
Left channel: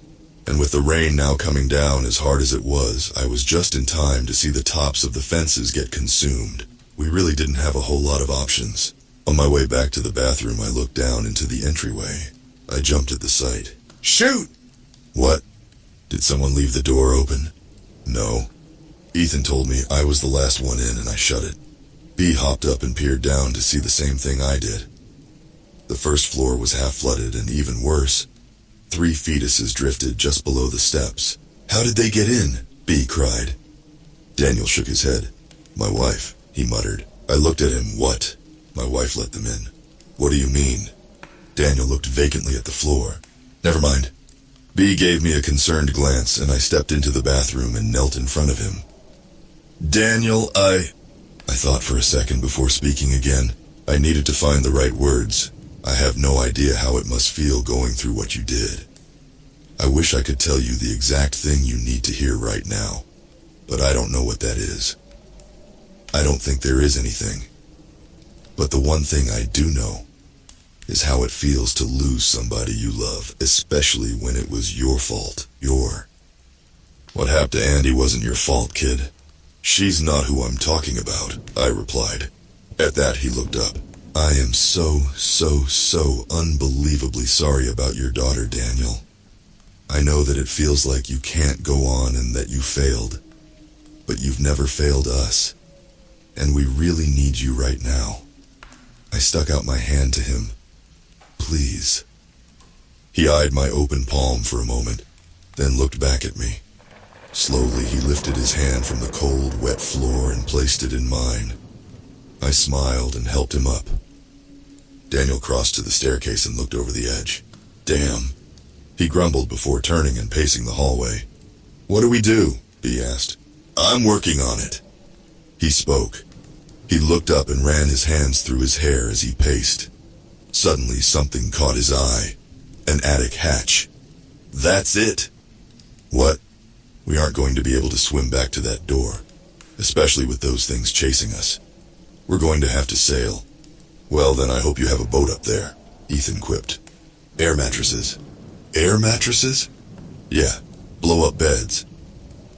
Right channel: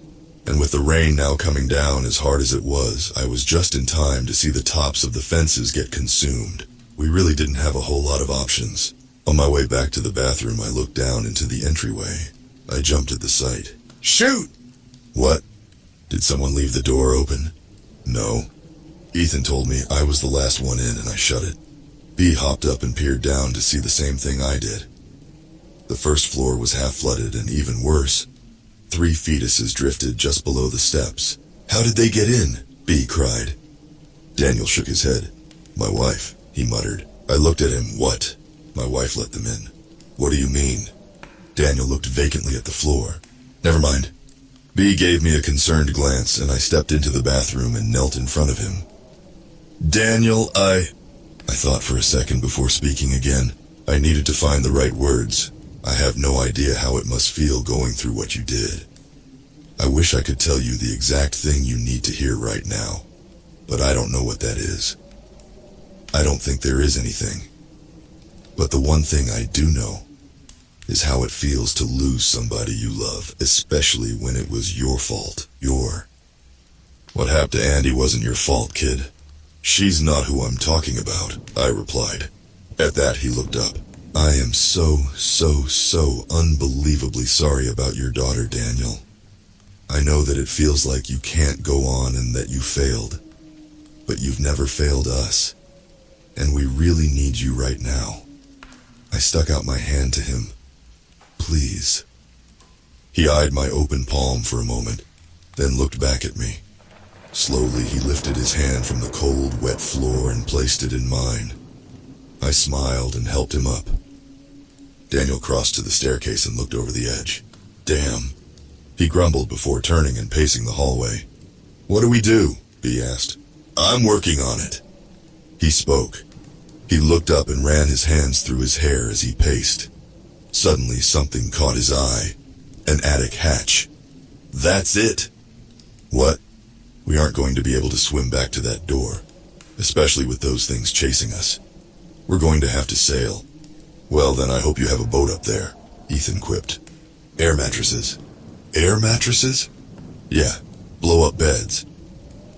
And with the rain now coming down as hard as it was, I was just in time to see the tops of the fences get consumed. We really didn't have a whole lot of options. On my way back to the bathroom, I looked down into the entryway. I jumped at the sight. Shoot! What? Did someone leave the door open? No. Ethan told me I was the last one in and I shut it. B hopped up and peered down to see the same thing I did. The first floor was half flooded and even worse. 3 fetuses drifted just below the steps. How did they get in? B cried. Daniel shook his head. My wife, he muttered. I looked at him. What? My wife let them in. What do you mean? Daniel looked vacantly at the floor. Never mind. B gave me a concerned glance and I stepped into the bathroom and knelt in front of him. Daniel, I thought for a second before speaking again. I needed to find the right words. I have no idea how it must feel going through what you did. I wish I could tell you the exact thing you need to hear right now, but I don't know what that is. I don't think there is anything. But the one thing I do know is how it feels to lose somebody you love, especially when it was your fault. What happened to Andy wasn't your fault, kid. She's not who I'm talking about, I replied. At that, he looked up. I am so unbelievably sorry about your daughter, Daniel. I know that it feels like you can't go on and that you failed, but you've never failed us, and we really need you right now. I stuck out my hand to him. Please. He eyed my open palm for a moment, then looked back at me. Slowly, he lifted his hand from the cold, wet floor and placed it in mine. I smiled and helped him up. Daniel crossed to the staircase and looked over the edge. Damn, he grumbled before turning and pacing the hallway. What do we do? B asked. I'm working on it. He spoke. He looked up and ran his hands through his hair as he paced. Suddenly something caught his eye. An attic hatch. That's it. What? We aren't going to be able to swim back to that door, especially with those things chasing us. We're going to have to sail. Well, then I hope you have a boat up there, Ethan quipped. Air mattresses. Air mattresses? Yeah, blow-up beds.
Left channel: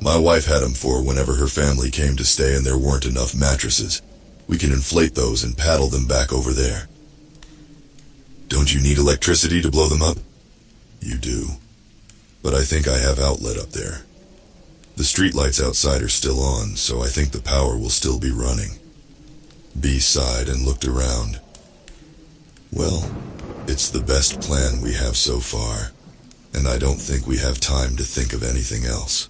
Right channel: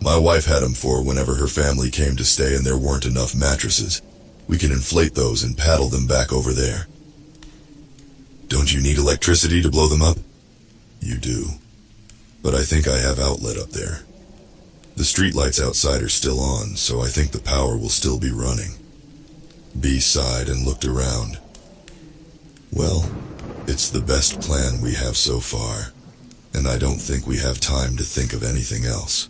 My wife had them for whenever her family came to stay and there weren't enough mattresses. We can inflate those and paddle them back over there. Don't you need electricity to blow them up? You do. But I think I have outlet up there. The streetlights outside are still on, so I think the power will still be running. B sighed and looked around. Well, it's the best plan we have so far, and I don't think we have time to think of anything else.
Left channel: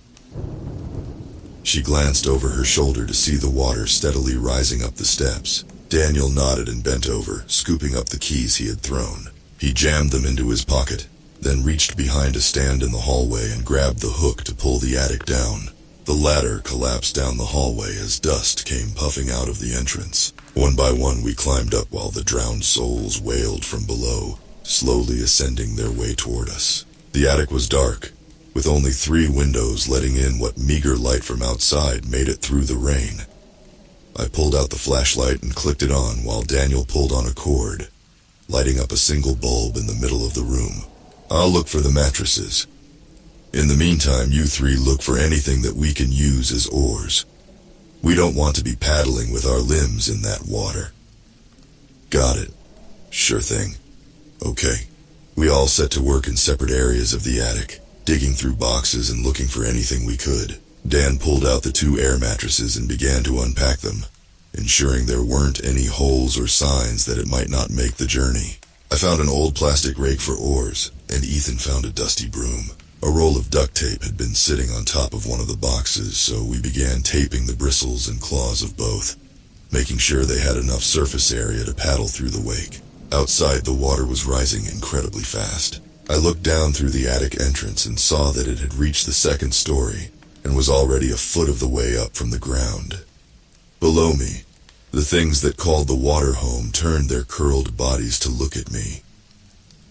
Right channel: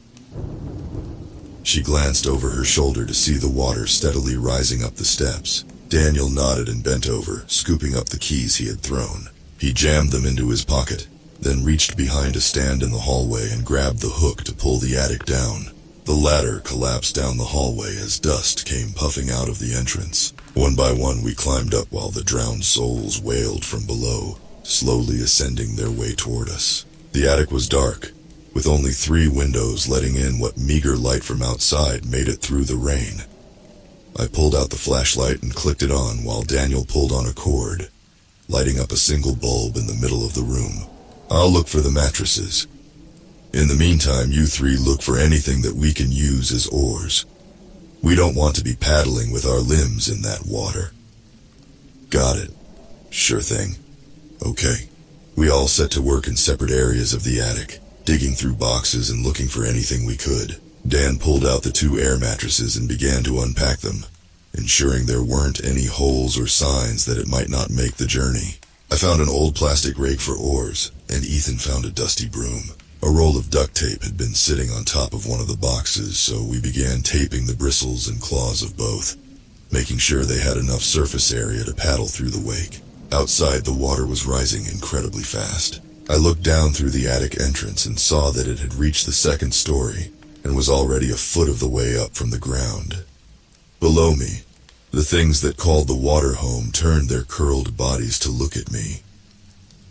She glanced over her shoulder to see the water steadily rising up the steps. Daniel nodded and bent over, scooping up the keys he had thrown. He jammed them into his pocket, then reached behind a stand in the hallway and grabbed the hook to pull the attic down. The ladder collapsed down the hallway as dust came puffing out of the entrance. One by one we climbed up while the drowned souls wailed from below, slowly ascending their way toward us. The attic was dark, with only 3 windows letting in what meager light from outside made it through the rain. I pulled out the flashlight and clicked it on while Daniel pulled on a cord, lighting up a single bulb in the middle of the room. I'll look for the mattresses. In the meantime, you 3 look for anything that we can use as oars. We don't want to be paddling with our limbs in that water. Got it. Sure thing. Okay. We all set to work in separate areas of the attic, digging through boxes and looking for anything we could. Dan pulled out the 2 air mattresses and began to unpack them, ensuring there weren't any holes or signs that it might not make the journey. I found an old plastic rake for oars, and Ethan found a dusty broom. A roll of duct tape had been sitting on top of one of the boxes, so we began taping the bristles and claws of both, making sure they had enough surface area to paddle through the wake. Outside, the water was rising incredibly fast. I looked down through the attic entrance and saw that it had reached the 2nd story and was already a foot of the way up from the ground. Below me, the things that called the water home turned their curled bodies to look at me.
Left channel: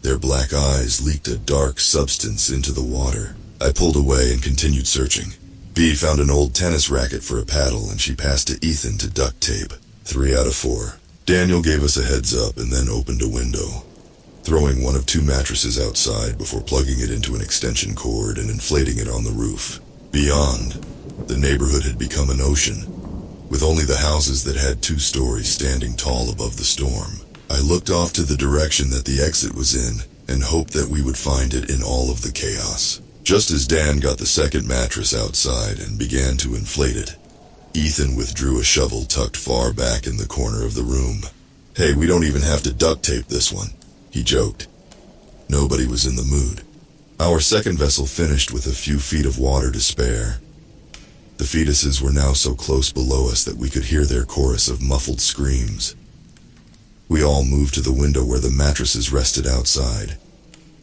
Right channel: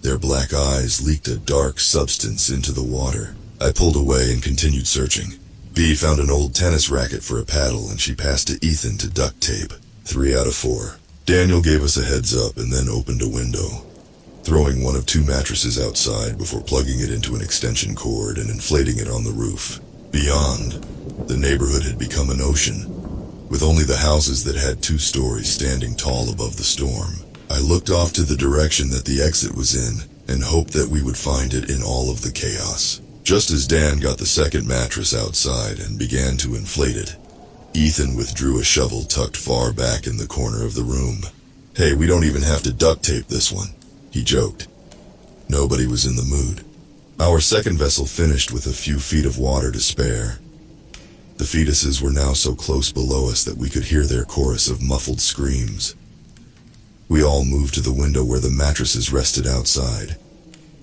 Their black eyes leaked a dark substance into the water. I pulled away and continued searching. B found an old tennis racket for a paddle and she passed to Ethan to duct tape. 3 out of 4. Daniel gave us a heads up and then opened a window, throwing one of 2 mattresses outside before plugging it into an extension cord and inflating it on the roof. Beyond, the neighborhood had become an ocean, with only the houses that had 2 stories standing tall above the storm. I looked off to the direction that the exit was in and hoped that we would find it in all of the chaos. Just as Dan got the 2nd mattress outside and began to inflate it, Ethan withdrew a shovel tucked far back in the corner of the room. Hey, we don't even have to duct tape this one, he joked. Nobody was in the mood. Our 2nd vessel finished with a few feet of water to spare. The fetuses were now so close below us that we could hear their chorus of muffled screams. We all moved to the window where the mattresses rested outside,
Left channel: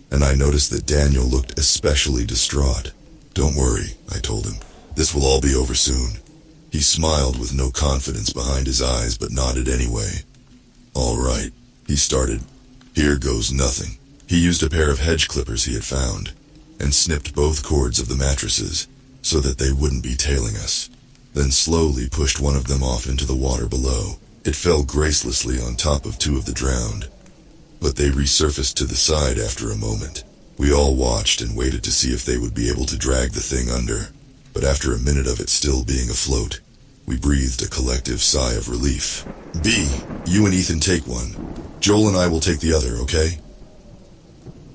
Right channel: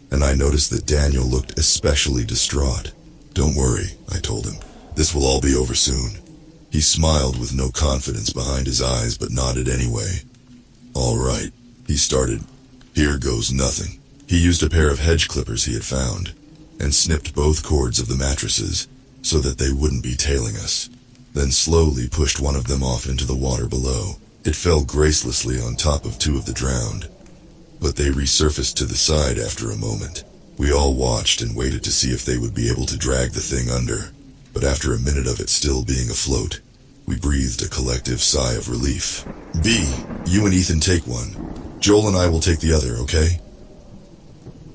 and I noticed that Daniel looked especially distraught. Don't worry, I told him. This will all be over soon. He smiled with no confidence behind his eyes but nodded anyway. All right, he started. Here goes nothing. He used a pair of hedge clippers he had found and snipped both cords of the mattresses so that they wouldn't be tailing us, then slowly pushed one of them off into the water below. It fell gracelessly on top of 2 of the drowned, but they resurfaced to the side after a moment. We all watched and waited to see if they would be able to drag the thing under, but after a minute of it still being afloat, we breathed a collective sigh of relief. B, you and Ethan take one. Joel and I will take the other, okay?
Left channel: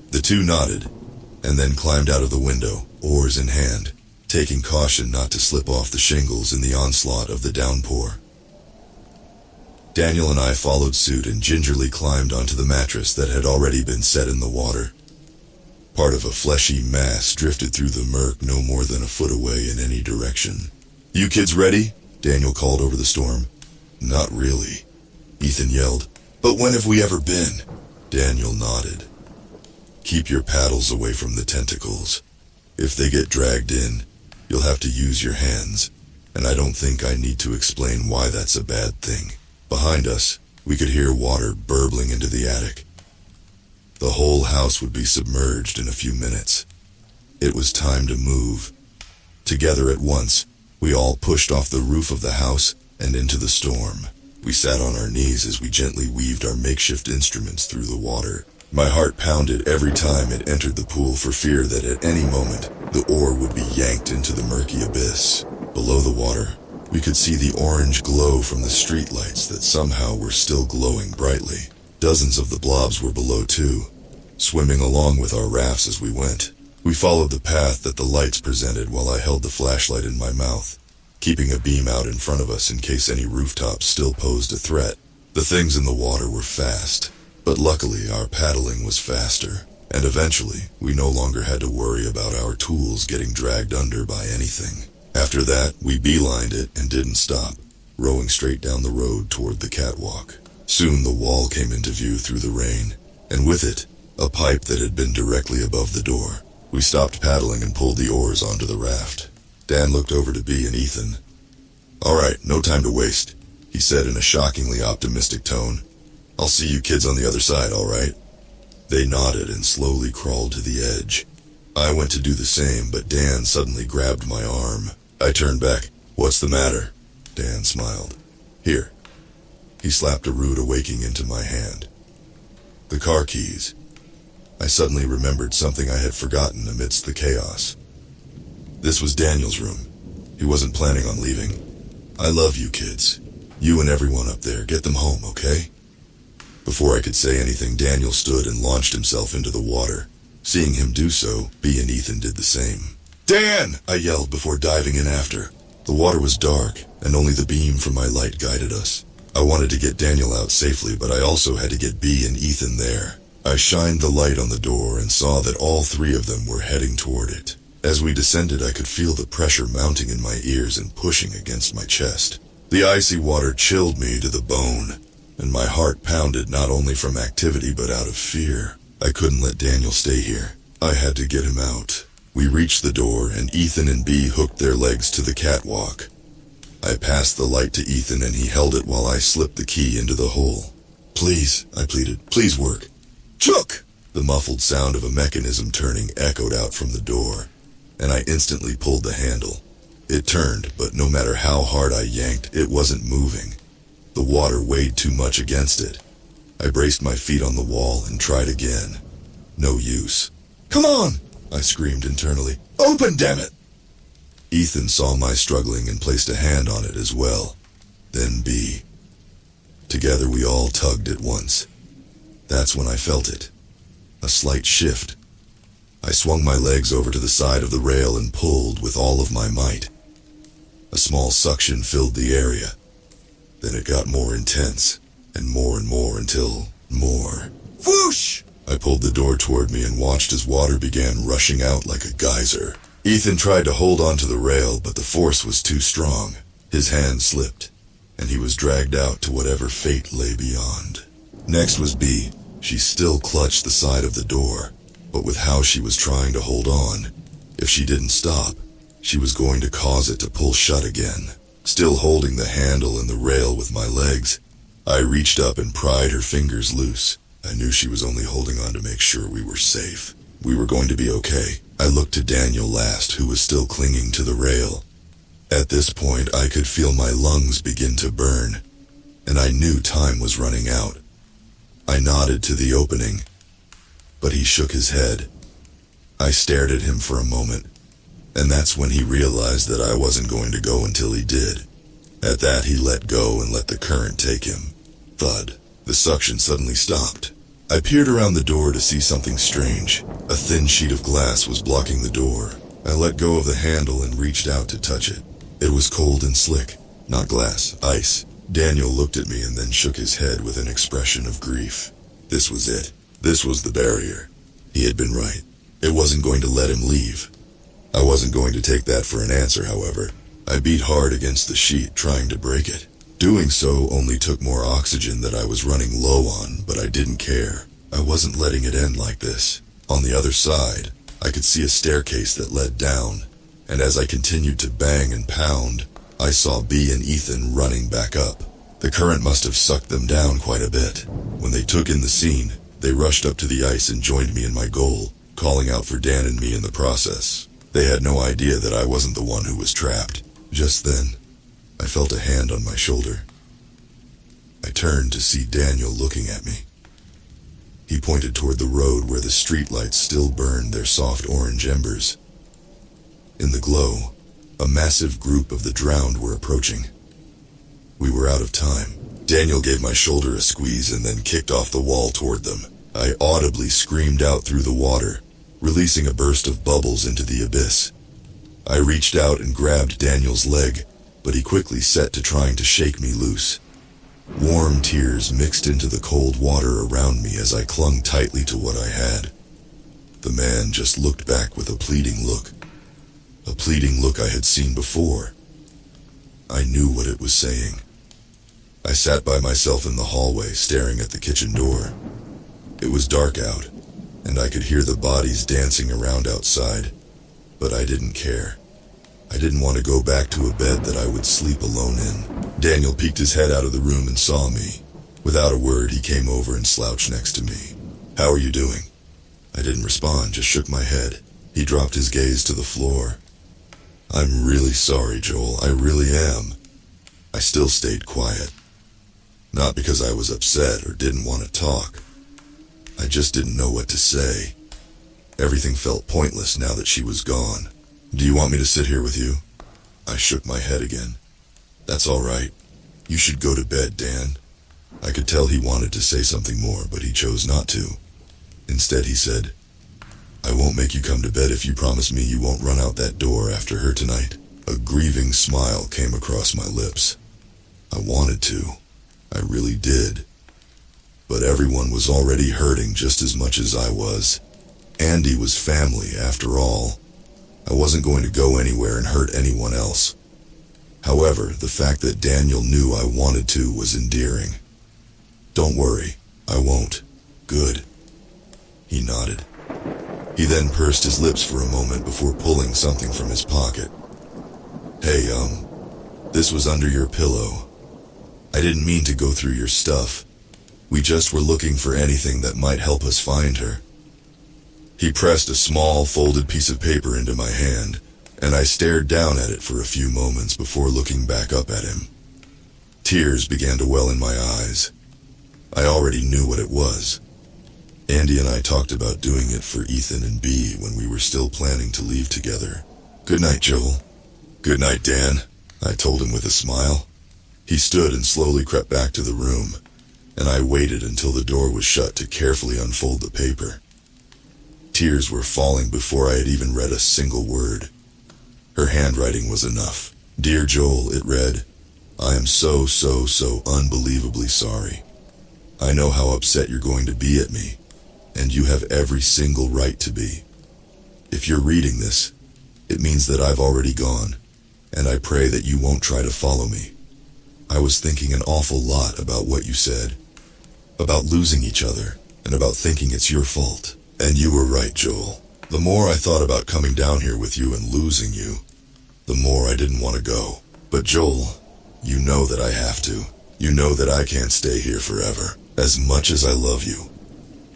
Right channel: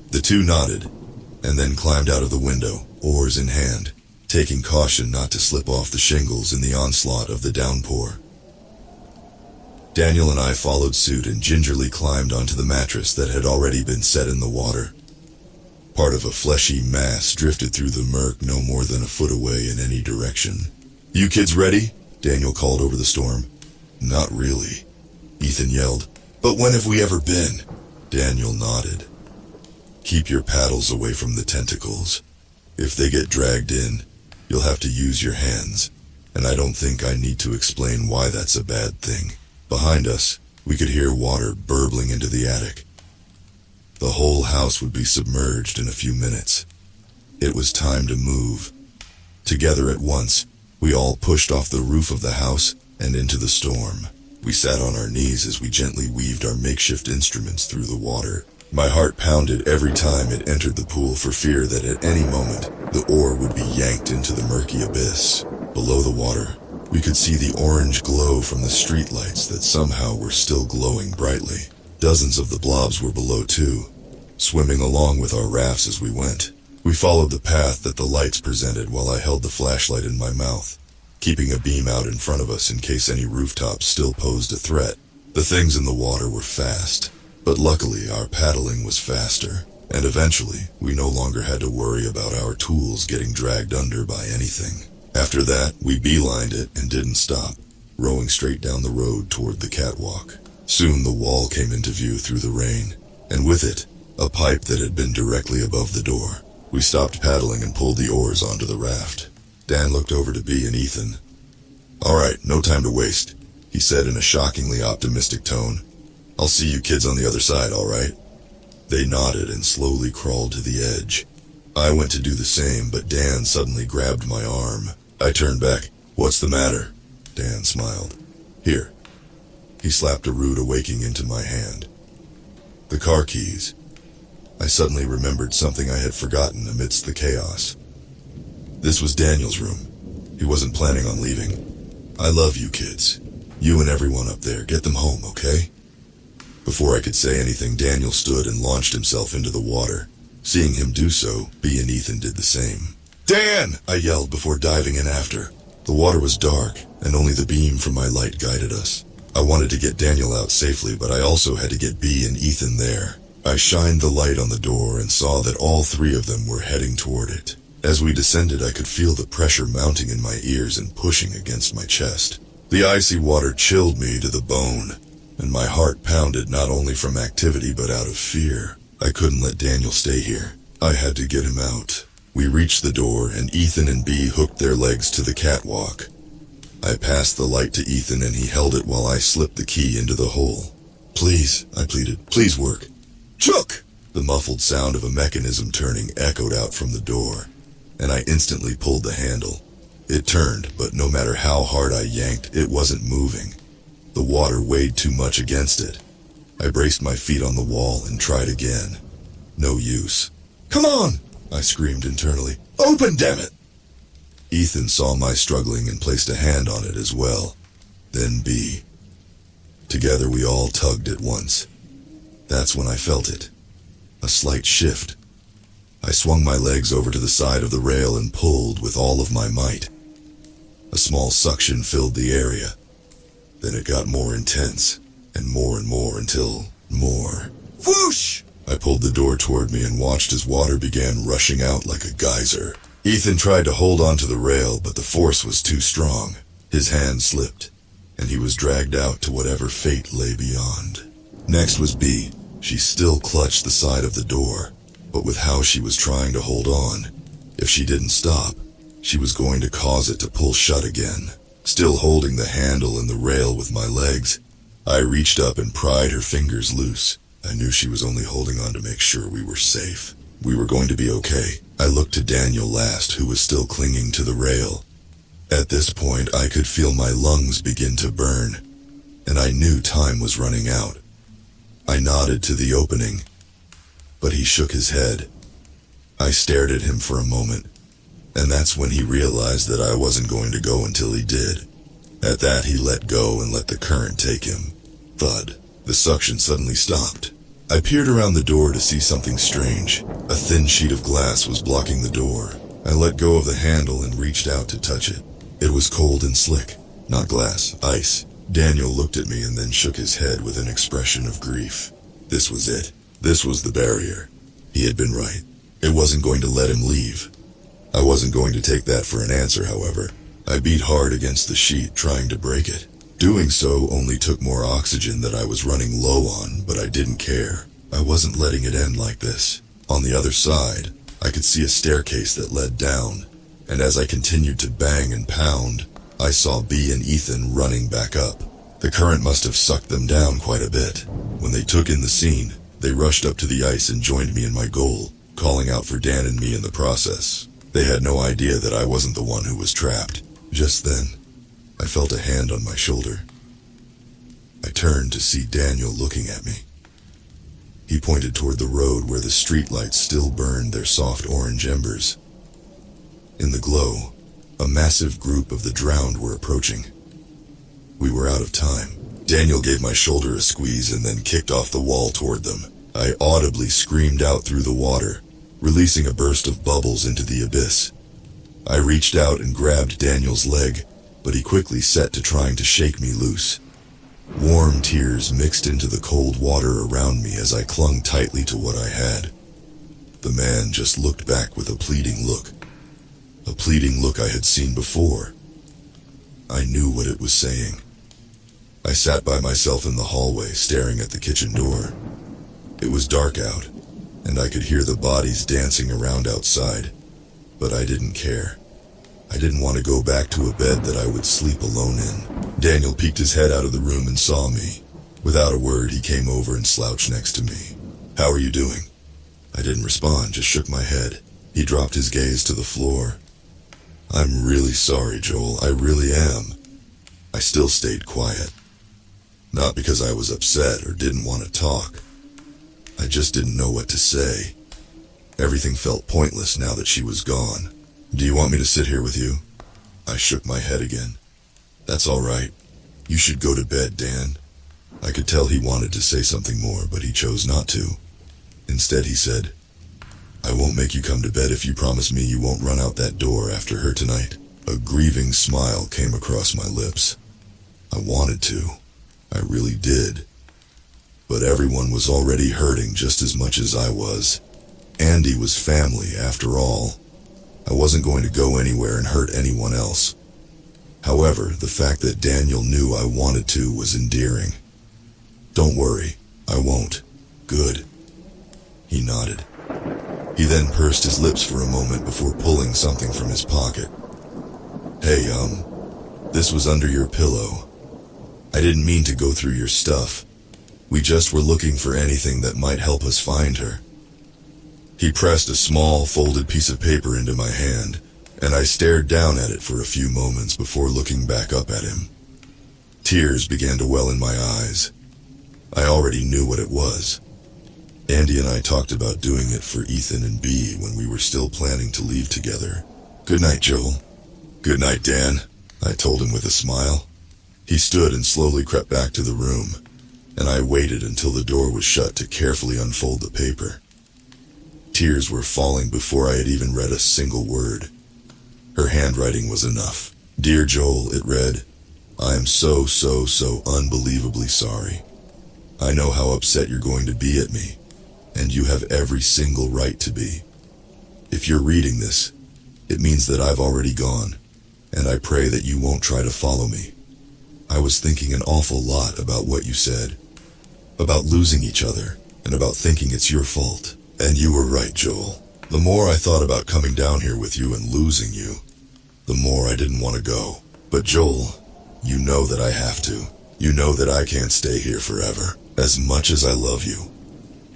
The 2 nodded, and then climbed out of the window, oars in hand, taking caution not to slip off the shingles in the onslaught of the downpour. Daniel and I followed suit and gingerly climbed onto the mattress that had already been set in the water. Part of a fleshy mass drifted through the murk no more than a foot away in any direction. You kids ready? Daniel called over the storm. Not really, Ethan yelled. But when have we ever been? Daniel nodded. Keep your paddles away from the tentacles. If they get dragged in, you'll have to use your hands, and I don't think I need to explain why that's a bad thing. Behind us, we could hear water burbling into the attic. The whole house would be submerged in a few minutes. It was time to move. Together at once, we all pushed off the roof of the house and into the storm. We sat on our knees as we gently weaved our makeshift instruments through the water. My heart pounded every time it entered the pool for fear that at any moment the oar would be yanked into the murky abyss. Below the water, we could see the orange glow from the streetlights that somehow were still glowing brightly. Dozens of the blobs were below too, swimming along with our rafts as we went. We followed the path that the lights presented while I held the flashlight in my mouth, keeping a beam out in front of us in case any rooftops still posed a threat. The things in the water were fast, but luckily our paddling was faster, and eventually we no longer had to worry about our tools getting dragged under by anything. After that, we beelined it and didn't stop, rowing straight down the road toward the catwalk. Soon the wall came into view through the rain, and with it, a pipe that had been directly above the door. We stopped paddling and pulled the oars onto the raft. Dan looked over to Bea and Ethan. "All right, no time to waste," he said in a shockingly optimistic tone. "I'll see you kids on the other side, all right?" They nodded and slowly crawled to the edge. I went to do the same, but Dan suddenly grabbed my arm. I turned back. "What's the matter?" Dan smiled. "Here." He slapped a root awaking into my hand. "The car keys." I suddenly remembered something I had forgotten amidst the chaos. This was Daniel's room. He wasn't planning on leaving. "I love you kids. You and everyone up there. Get them home, okay?" Before I could say anything, Daniel stood and launched himself into the water. Seeing him do so, Bea and Ethan did the same. "Dan!" I yelled before diving in after. The water was dark, and only the beam from my light guided us. I wanted to get Daniel out safely, but I also had to get Bea and Ethan there. I shined the light on the door and saw that all three of them were heading toward it. As we descended, I could feel the pressure mounting in my ears and pushing against my chest. The icy water chilled me to the bone, and my heart pounded not only from activity but out of fear. I couldn't let Daniel stay here. I had to get him out. We reached the door, and Ethan and Bea hooked their legs to the catwalk. I passed the light to Ethan, and he held it while I slipped the key into the hole. "Please," I pleaded, "please work." "Chook!" The muffled sound of a mechanism turning echoed out from the door, and I instantly pulled the handle. It turned, but no matter how hard I yanked, it wasn't moving. The water weighed too much against it. I braced my feet on the wall and tried again. No use. "Come on!" I screamed internally. "Open, damn it!" Ethan saw my struggling and placed a hand on it as well. Then Bea. Together we all tugged at once. That's when I felt it. A slight shift. I swung my legs over to the side of the rail and pulled with all of my might. A small suction filled the area. Then it got more intense, and more until more. Whoosh! I pulled the door toward me and watched as water began rushing out like a geyser. Ethan tried to hold onto the rail, but the force was too strong. His hand slipped, and he was dragged out to whatever fate lay beyond. Next was Bea. She still clutched the side of the door, but with how she was trying to hold on, if she didn't stop, she was going to cause it to pull shut again. Still holding the handle and the rail with my legs, I reached up and pried her fingers loose. I knew she was only holding on to make sure we were safe. We were going to be okay. I looked to Daniel last, who was still clinging to the rail. At this point, I could feel my lungs begin to burn, and I knew time was running out. I nodded to the opening, but he shook his head. I stared at him for a moment, and that's when he realized that I wasn't going to go until he did. At that, he let go and let the current take him. Thud. The suction suddenly stopped. I peered around the door to see something strange. A thin sheet of glass was blocking the door. I let go of the handle and reached out to touch it. It was cold and slick. Not glass, ice. Daniel looked at me and then shook his head with an expression of grief. This was it. This was the barrier. He had been right. It wasn't going to let him leave. I wasn't going to take that for an answer, however. I beat hard against the sheet, trying to break it. Doing so only took more oxygen that I was running low on, but I didn't care. I wasn't letting it end like this. On the other side, I could see a staircase that led down, and as I continued to bang and pound, I saw B and Ethan running back up. The current must have sucked them down quite a bit. When they took in the scene, they rushed up to the ice and joined me in my goal, calling out for Dan and me in the process. They had no idea that I wasn't the one who was trapped. Just then, I felt a hand on my shoulder. I turned to see Daniel looking at me. He pointed toward the road where the streetlights still burned their soft orange embers. In the glow, a massive group of the drowned were approaching. We were out of time. Daniel gave my shoulder a squeeze and then kicked off the wall toward them. I audibly screamed out through the water, releasing a burst of bubbles into the abyss. I reached out and grabbed Daniel's leg, but he quickly set to trying to shake me loose. Warm tears mixed into the cold water around me as I clung tightly to what I had. The man just looked back with a pleading look. A pleading look I had seen before. I knew what it was saying. I sat by myself in the hallway, staring at the kitchen door. It was dark out, and I could hear the bodies dancing around outside, but I didn't care. I didn't want to go back to a bed that I would sleep alone in. Daniel peeked his head out of the room and saw me. Without a word, he came over and slouched next to me. "How are you doing?" I didn't respond, just shook my head. He dropped his gaze to the floor. "I'm really sorry, Joel, I really am." I still stayed quiet. Not because I was upset or didn't want to talk. I just didn't know what to say. Everything felt pointless now that she was gone. "Do you want me to sit here with you?" I shook my head again. "That's all right. You should go to bed, Dan." I could tell he wanted to say something more, but he chose not to. Instead, he said, "I won't make you come to bed if you promise me you won't run out that door after her tonight." A grieving smile came across my lips. I wanted to. I really did. But everyone was already hurting just as much as I was. Andy was family, after all. I wasn't going to go anywhere and hurt anyone else. However, the fact that Daniel knew I wanted to was endearing. "Don't worry, I won't." "Good." He nodded. He then pursed his lips for a moment before pulling something from his pocket. "Hey, this was under your pillow. I didn't mean to go through your stuff. We just were looking for anything that might help us find her." He pressed a small, folded piece of paper into my hand, and I stared down at it for a few moments before looking back up at him. Tears began to well in my eyes. I already knew what it was. Andy and I talked about doing it for Ethan and B when we were still planning to leave together. "Good night, Joel." "Good night, Dan," I told him with a smile. He stood and slowly crept back to the room, and I waited until the door was shut to carefully unfold the paper. Tears were falling before I had even read a single word. Her handwriting was enough. "Dear Joel," it read, "I am so unbelievably sorry. I know how upset you're going to be at me, and you have every single right to be. If you're reading this, it means that I've already gone, and I pray that you won't try to follow me. I was thinking an awful lot about what you said, about losing each other, and about thinking it's your fault. And you were right, Joel. The more I thought about coming down here with you and losing you, the more I didn't want to go. But Joel, you know that I have to. You know that I can't stay here forever. As much as I love you,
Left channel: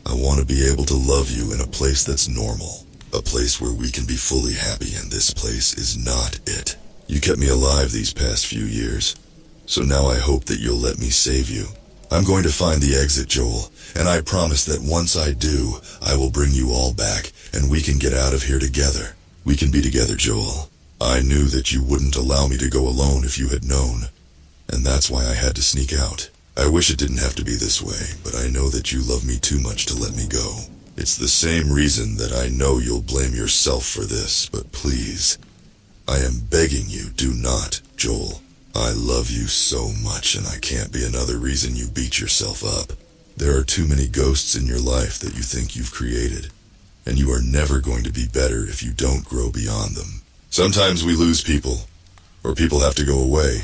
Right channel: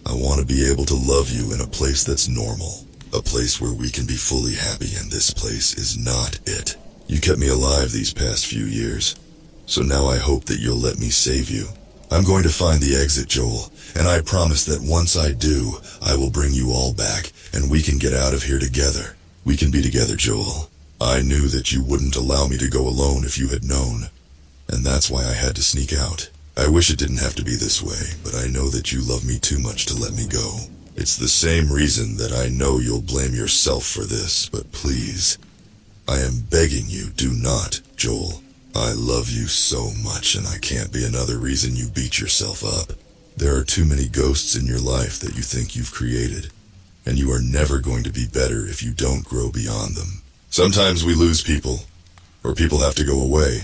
I want to be able to love you in a place that's normal. A place where we can be fully happy, and this place is not it. You kept me alive these past few years, so now I hope that you'll let me save you. I'm going to find the exit, Joel, and I promise that once I do, I will bring you all back, and we can get out of here together. We can be together, Joel. I knew that you wouldn't allow me to go alone if you had known, and that's why I had to sneak out. I wish it didn't have to be this way, but I know that you love me too much to let me go. It's the same reason that I know you'll blame yourself for this, but please, I am begging you, do not, Joel. I love you so much, and I can't be another reason you beat yourself up. There are too many ghosts in your life that you think you've created, and you are never going to be better if you don't grow beyond them. Sometimes we lose people, or people have to go away,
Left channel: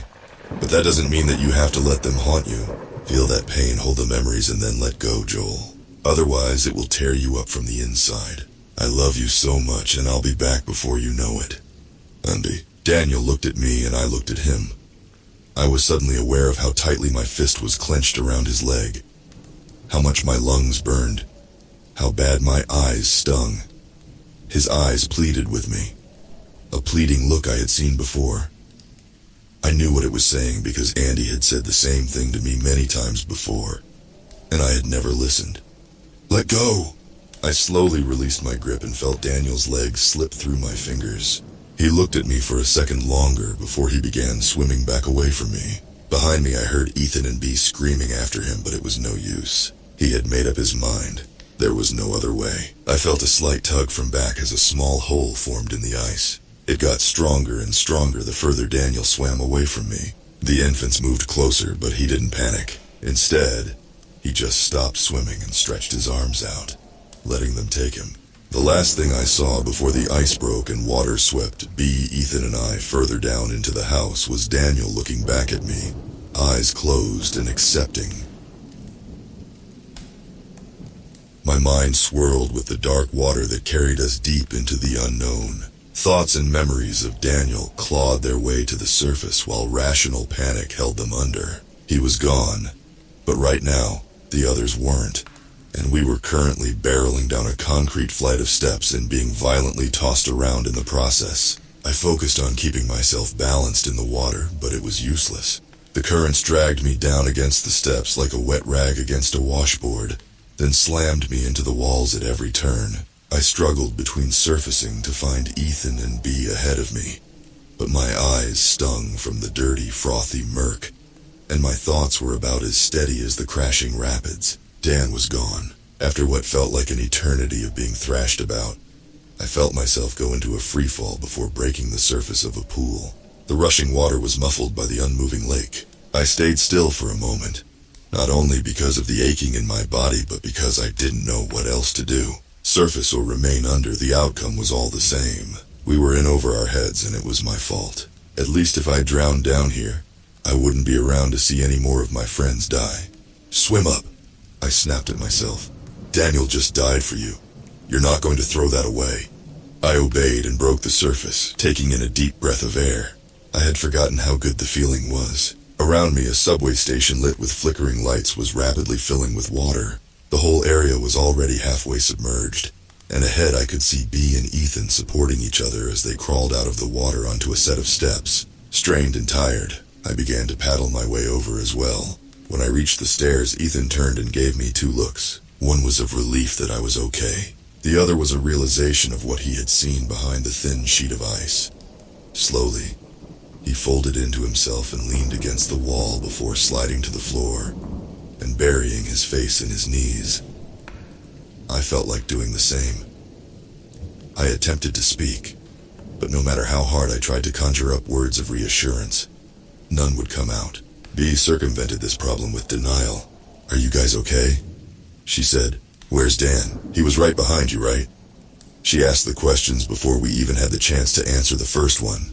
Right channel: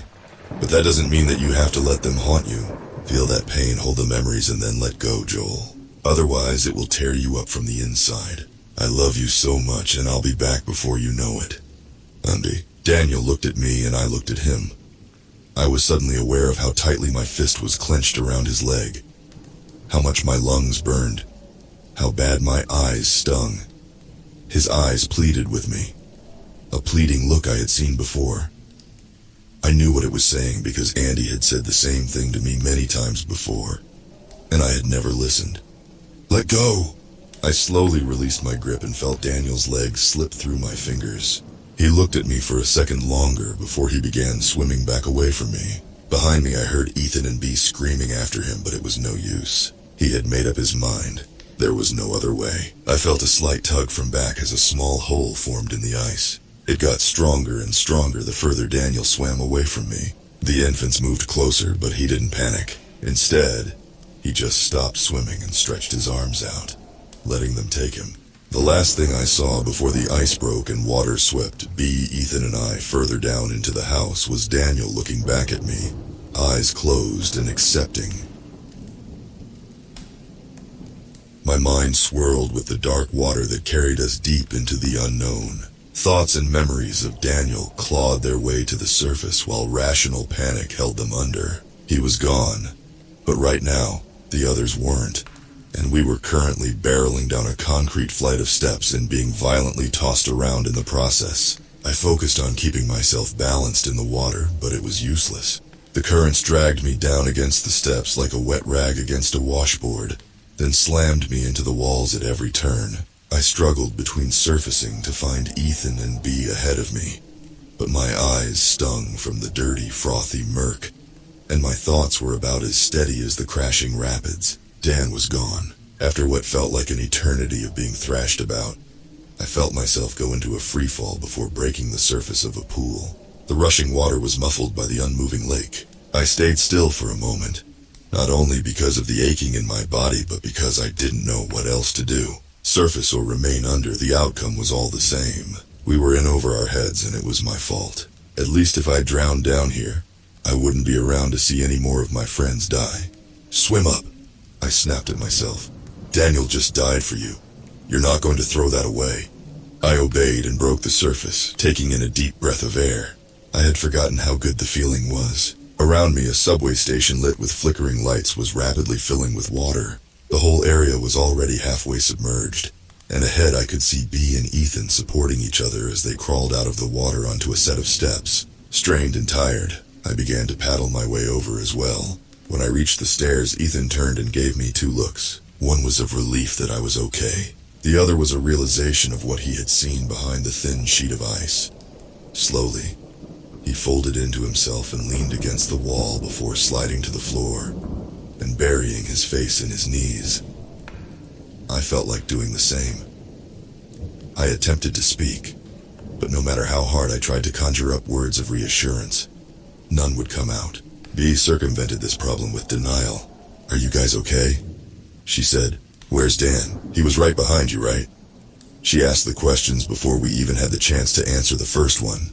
But that doesn't mean that you have to let them haunt you. Feel that pain, hold the memories, and then let go, Joel. Otherwise, it will tear you up from the inside. I love you so much, and I'll be back before you know it. Andy. Daniel looked at me, and I looked at him. I was suddenly aware of how tightly my fist was clenched around his leg, how much my lungs burned, how bad my eyes stung. His eyes pleaded with me, a pleading look I had seen before. I knew what it was saying because Andy had said the same thing to me many times before, and I had never listened. Let go! I slowly released my grip and felt Daniel's legs slip through my fingers. He looked at me for a second longer before he began swimming back away from me. Behind me I heard Ethan and Bee screaming after him, but it was no use. He had made up his mind. There was no other way. I felt a slight tug from back as a small hole formed in the ice. It got stronger and stronger the further Daniel swam away from me. The infants moved closer, but he didn't panic. Instead, he just stopped swimming and stretched his arms out, letting them take him. The last thing I saw before the ice broke and water swept Bee, Ethan, and I further down into the house was Daniel looking back at me, eyes closed and accepting. My mind swirled with the dark water that carried us deep into the unknown. Thoughts and memories of Daniel clawed their way to the surface while rational panic held them under. He was gone, but right now, the others weren't, and we were currently barreling down a concrete flight of steps and being violently tossed around in the process. I focused on keeping myself balanced in the water, but it was useless. The currents dragged me down against the steps like a wet rag against a washboard, then slammed me into the walls at every turn. I struggled between surfacing to find Ethan and Bee ahead of me, but my eyes stung from the dirty, frothy murk, and my thoughts were about as steady as the crashing rapids. Dan was gone. After what felt like an eternity of being thrashed about, I felt myself go into a freefall before breaking the surface of a pool. The rushing water was muffled by the unmoving lake. I stayed still for a moment, not only because of the aching in my body, but because I didn't know what else to do. Surface or remain under, the outcome was all the same. We were in over our heads, and it was my fault. At least if I drowned down here, I wouldn't be around to see any more of my friends die. Swim up, I snapped at myself. Daniel just died for you. You're not going to throw that away. I obeyed and broke the surface, taking in a deep breath of air. I had forgotten how good the feeling was. Around me, a subway station lit with flickering lights was rapidly filling with water. The whole area was already halfway submerged, and ahead I could see Bee and Ethan supporting each other as they crawled out of the water onto a set of steps. Strained and tired, I began to paddle my way over as well. When I reached the stairs, Ethan turned and gave me two looks. One was of relief that I was okay. The other was a realization of what he had seen behind the thin sheet of ice. Slowly, he folded into himself and leaned against the wall before sliding to the floor and burying his face in his knees. I felt like doing the same. I attempted to speak, but no matter how hard I tried to conjure up words of reassurance, none would come out. Bee circumvented this problem with denial. Are you guys okay? She said. Where's Dan? He was right behind you, right? She asked the questions before we even had the chance to answer the first one.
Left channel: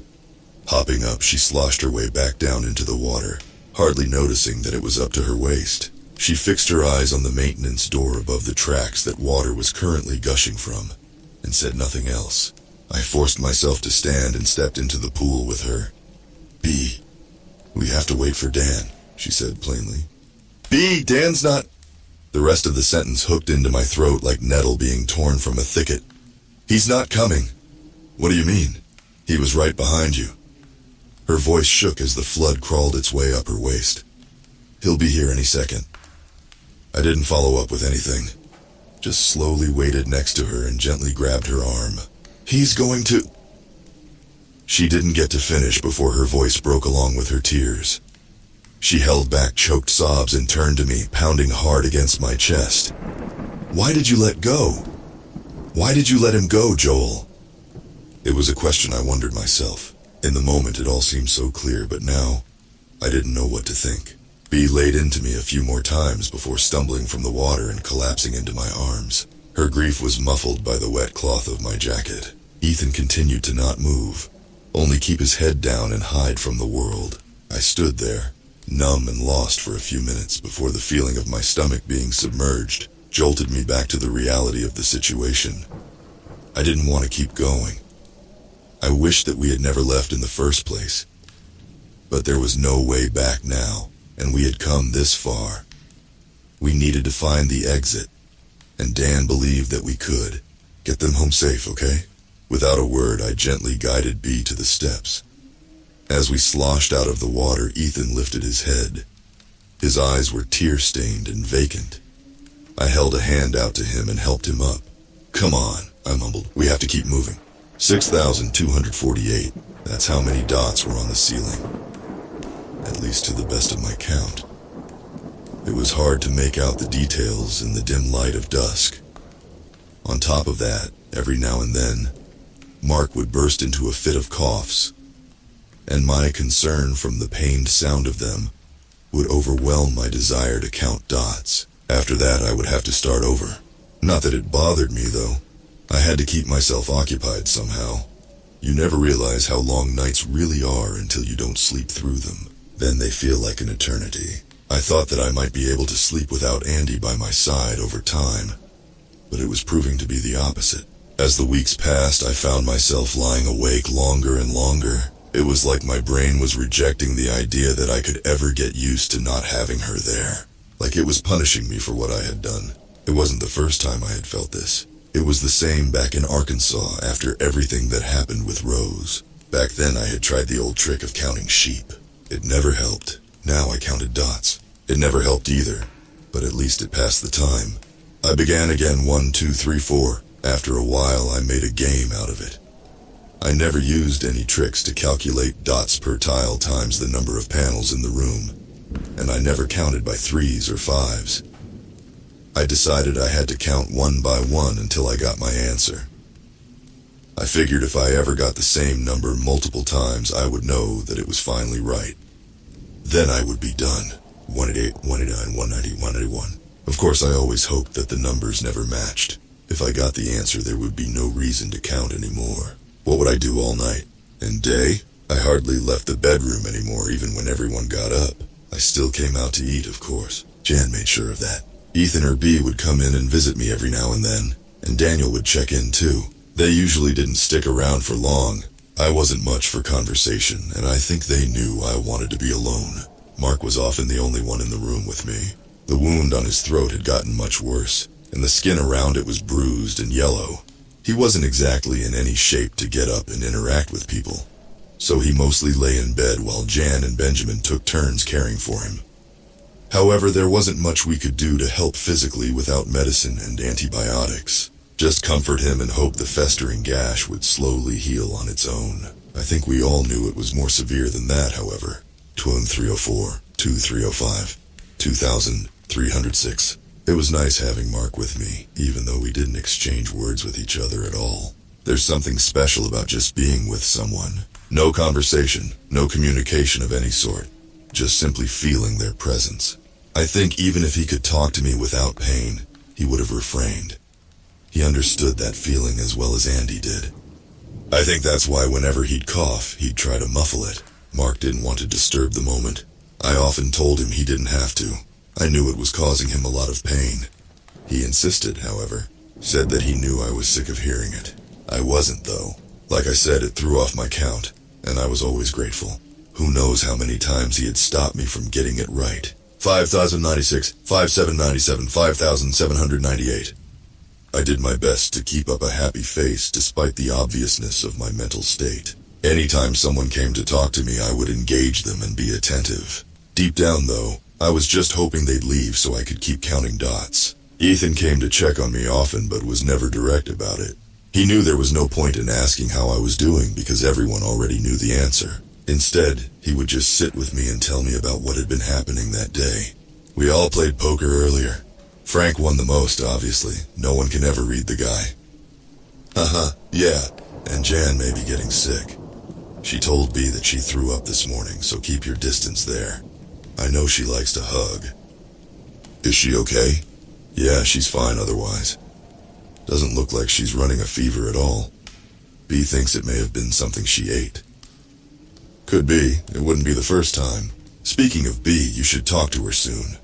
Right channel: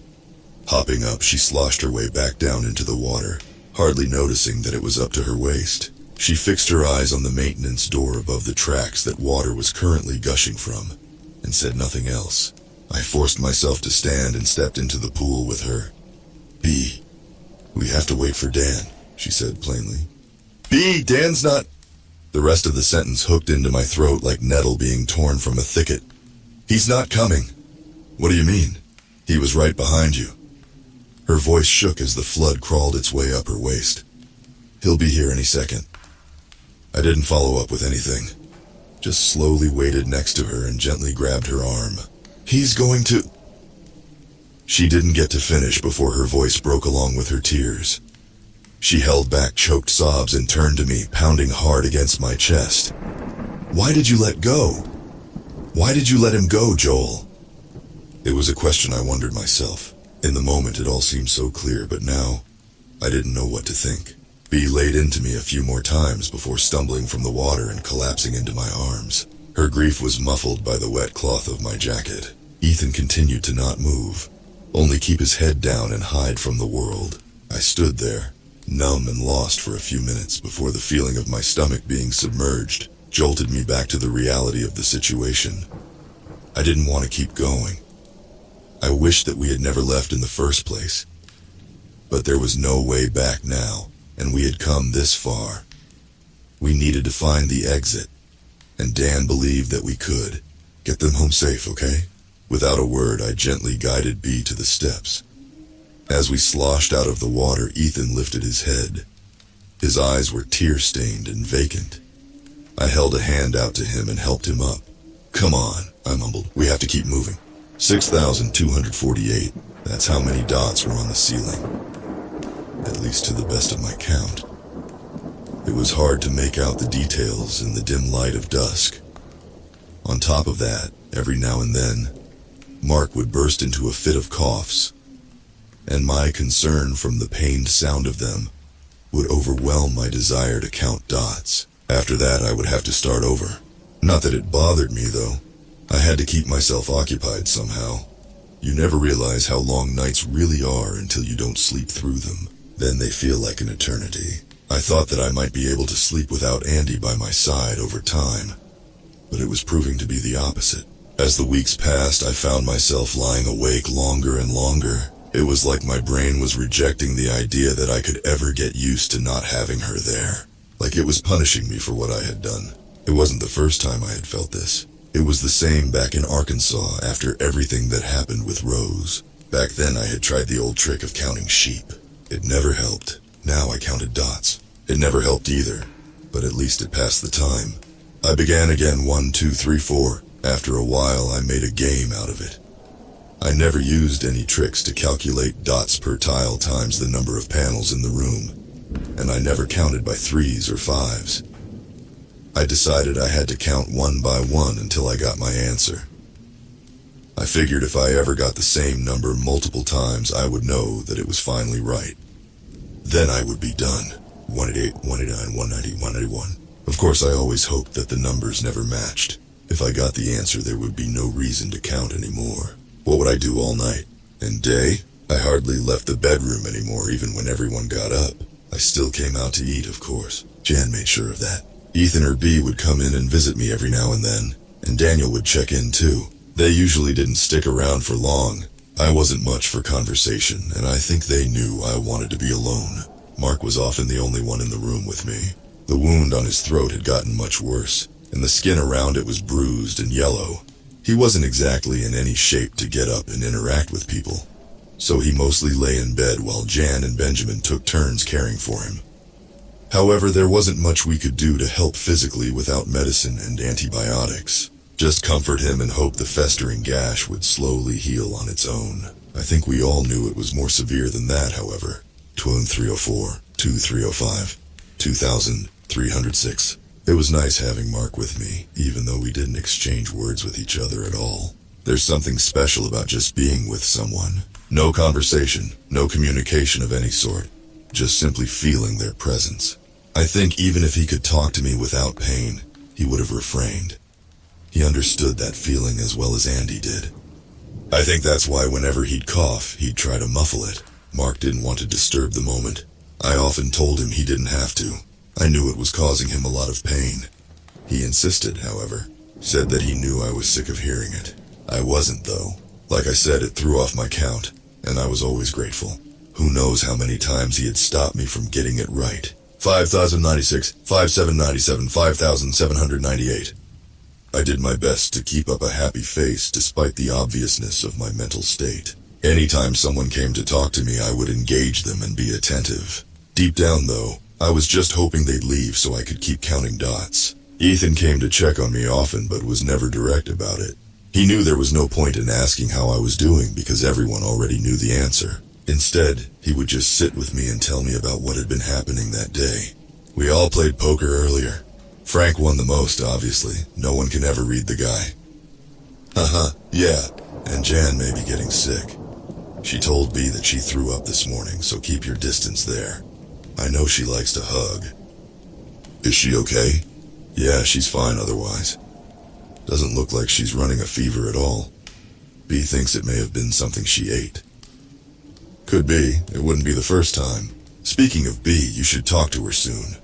Hopping up, she sloshed her way back down into the water, hardly noticing that it was up to her waist. She fixed her eyes on the maintenance door above the tracks that water was currently gushing from, and said nothing else. I forced myself to stand and stepped into the pool with her. Bee, we have to wait for Dan, she said plainly. Bee, Dan's not... The rest of the sentence hooked into my throat like nettle being torn from a thicket. He's not coming. What do you mean? He was right behind you. Her voice shook as the flood crawled its way up her waist. He'll be here any second. I didn't follow up with anything. Just slowly waited next to her and gently grabbed her arm. He's going to... She didn't get to finish before her voice broke along with her tears. She held back choked sobs and turned to me, pounding hard against my chest. Why did you let go? Why did you let him go, Joel? It was a question I wondered myself. In the moment it all seemed so clear, but now I didn't know what to think. Bee laid into me a few more times before stumbling from the water and collapsing into my arms. Her grief was muffled by the wet cloth of my jacket. Ethan continued to not move, only keep his head down and hide from the world. I stood there, numb and lost for a few minutes before the feeling of my stomach being submerged jolted me back to the reality of the situation. I didn't want to keep going. I wished that we had never left in the first place. But there was no way back now, and we had come this far. We needed to find the exit, and Dan believed that we could. Get them home safe, okay? Without a word, I gently guided B to the steps. As we sloshed out of the water, Ethan lifted his head. His eyes were tear-stained and vacant. I held a hand out to him and helped him up. Come on, I mumbled. We have to keep moving. 6,248. That's how many dots were on the ceiling. At least to the best of my count. It was hard to make out the details in the dim light of dusk. On top of that, every now and then, Mark would burst into a fit of coughs, and my concern from the pained sound of them would overwhelm my desire to count dots. After that, I would have to start over. Not that it bothered me, though. I had to keep myself occupied somehow. You never realize how long nights really are until you don't sleep through them. Then they feel like an eternity. I thought that I might be able to sleep without Andy by my side over time, but it was proving to be the opposite. As the weeks passed, I found myself lying awake longer and longer. It was like my brain was rejecting the idea that I could ever get used to not having her there. Like it was punishing me for what I had done. It wasn't the first time I had felt this. It was the same back in Arkansas after everything that happened with Rose. Back then I had tried the old trick of counting sheep. It never helped. Now I counted dots. It never helped either, but at least it passed the time. I began again 1, 2, 3, 4. After a while I made a game out of it. I never used any tricks to calculate dots per tile times the number of panels in the room, and I never counted by 3s or 5s. I decided I had to count one by one until I got my answer. I figured if I ever got the same number multiple times, I would know that it was finally right. Then I would be done. 188, 189, 190, 191. Of course, I always hoped that the numbers never matched. If I got the answer, there would be no reason to count anymore. What would I do all night? And day? I hardly left the bedroom anymore, even when everyone got up. I still came out to eat, of course. Jan made sure of that. Ethan or B would come in and visit me every now and then, and Daniel would check in too. They usually didn't stick around for long. I wasn't much for conversation, and I think they knew I wanted to be alone. Mark was often the only one in the room with me. The wound on his throat had gotten much worse, and the skin around it was bruised and yellow. He wasn't exactly in any shape to get up and interact with people, so he mostly lay in bed while Jan and Benjamin took turns caring for him. However, there wasn't much we could do to help physically without medicine and antibiotics. Just comfort him and hope the festering gash would slowly heal on its own. I think we all knew it was more severe than that, however. 2304, 2305, 2306. It was nice having Mark with me, even though we didn't exchange words with each other at all. There's something special about just being with someone. No conversation, no communication of any sort. Just simply feeling their presence. I think even if he could talk to me without pain, he would have refrained. He understood that feeling as well as Andy did. I think that's why whenever he'd cough, he'd try to muffle it. Mark didn't want to disturb the moment. I often told him he didn't have to. I knew it was causing him a lot of pain. He insisted, however, said that he knew I was sick of hearing it. I wasn't, though. Like I said, it threw off my count, and I was always grateful. Who knows how many times he had stopped me from getting it right. 5,096, 5,797, 5,798. I did my best to keep up a happy face despite the obviousness of my mental state. Anytime someone came to talk to me, I would engage them and be attentive. Deep down, though, I was just hoping they'd leave so I could keep counting dots. Ethan came to check on me often, but was never direct about it. He knew there was no point in asking how I was doing because everyone already knew the answer. Instead, he would just sit with me and tell me about what had been happening that day. We all played poker earlier. Frank won the most, obviously. No one can ever read the guy. Haha, yeah, and Jan may be getting sick. She told B that she threw up this morning, so keep your distance there. I know she likes to hug. Is she okay? Yeah, she's fine otherwise. Doesn't look like she's running a fever at all. B thinks it may have been something she ate. Could be. It wouldn't be the first time. Speaking of B, you should talk to her soon.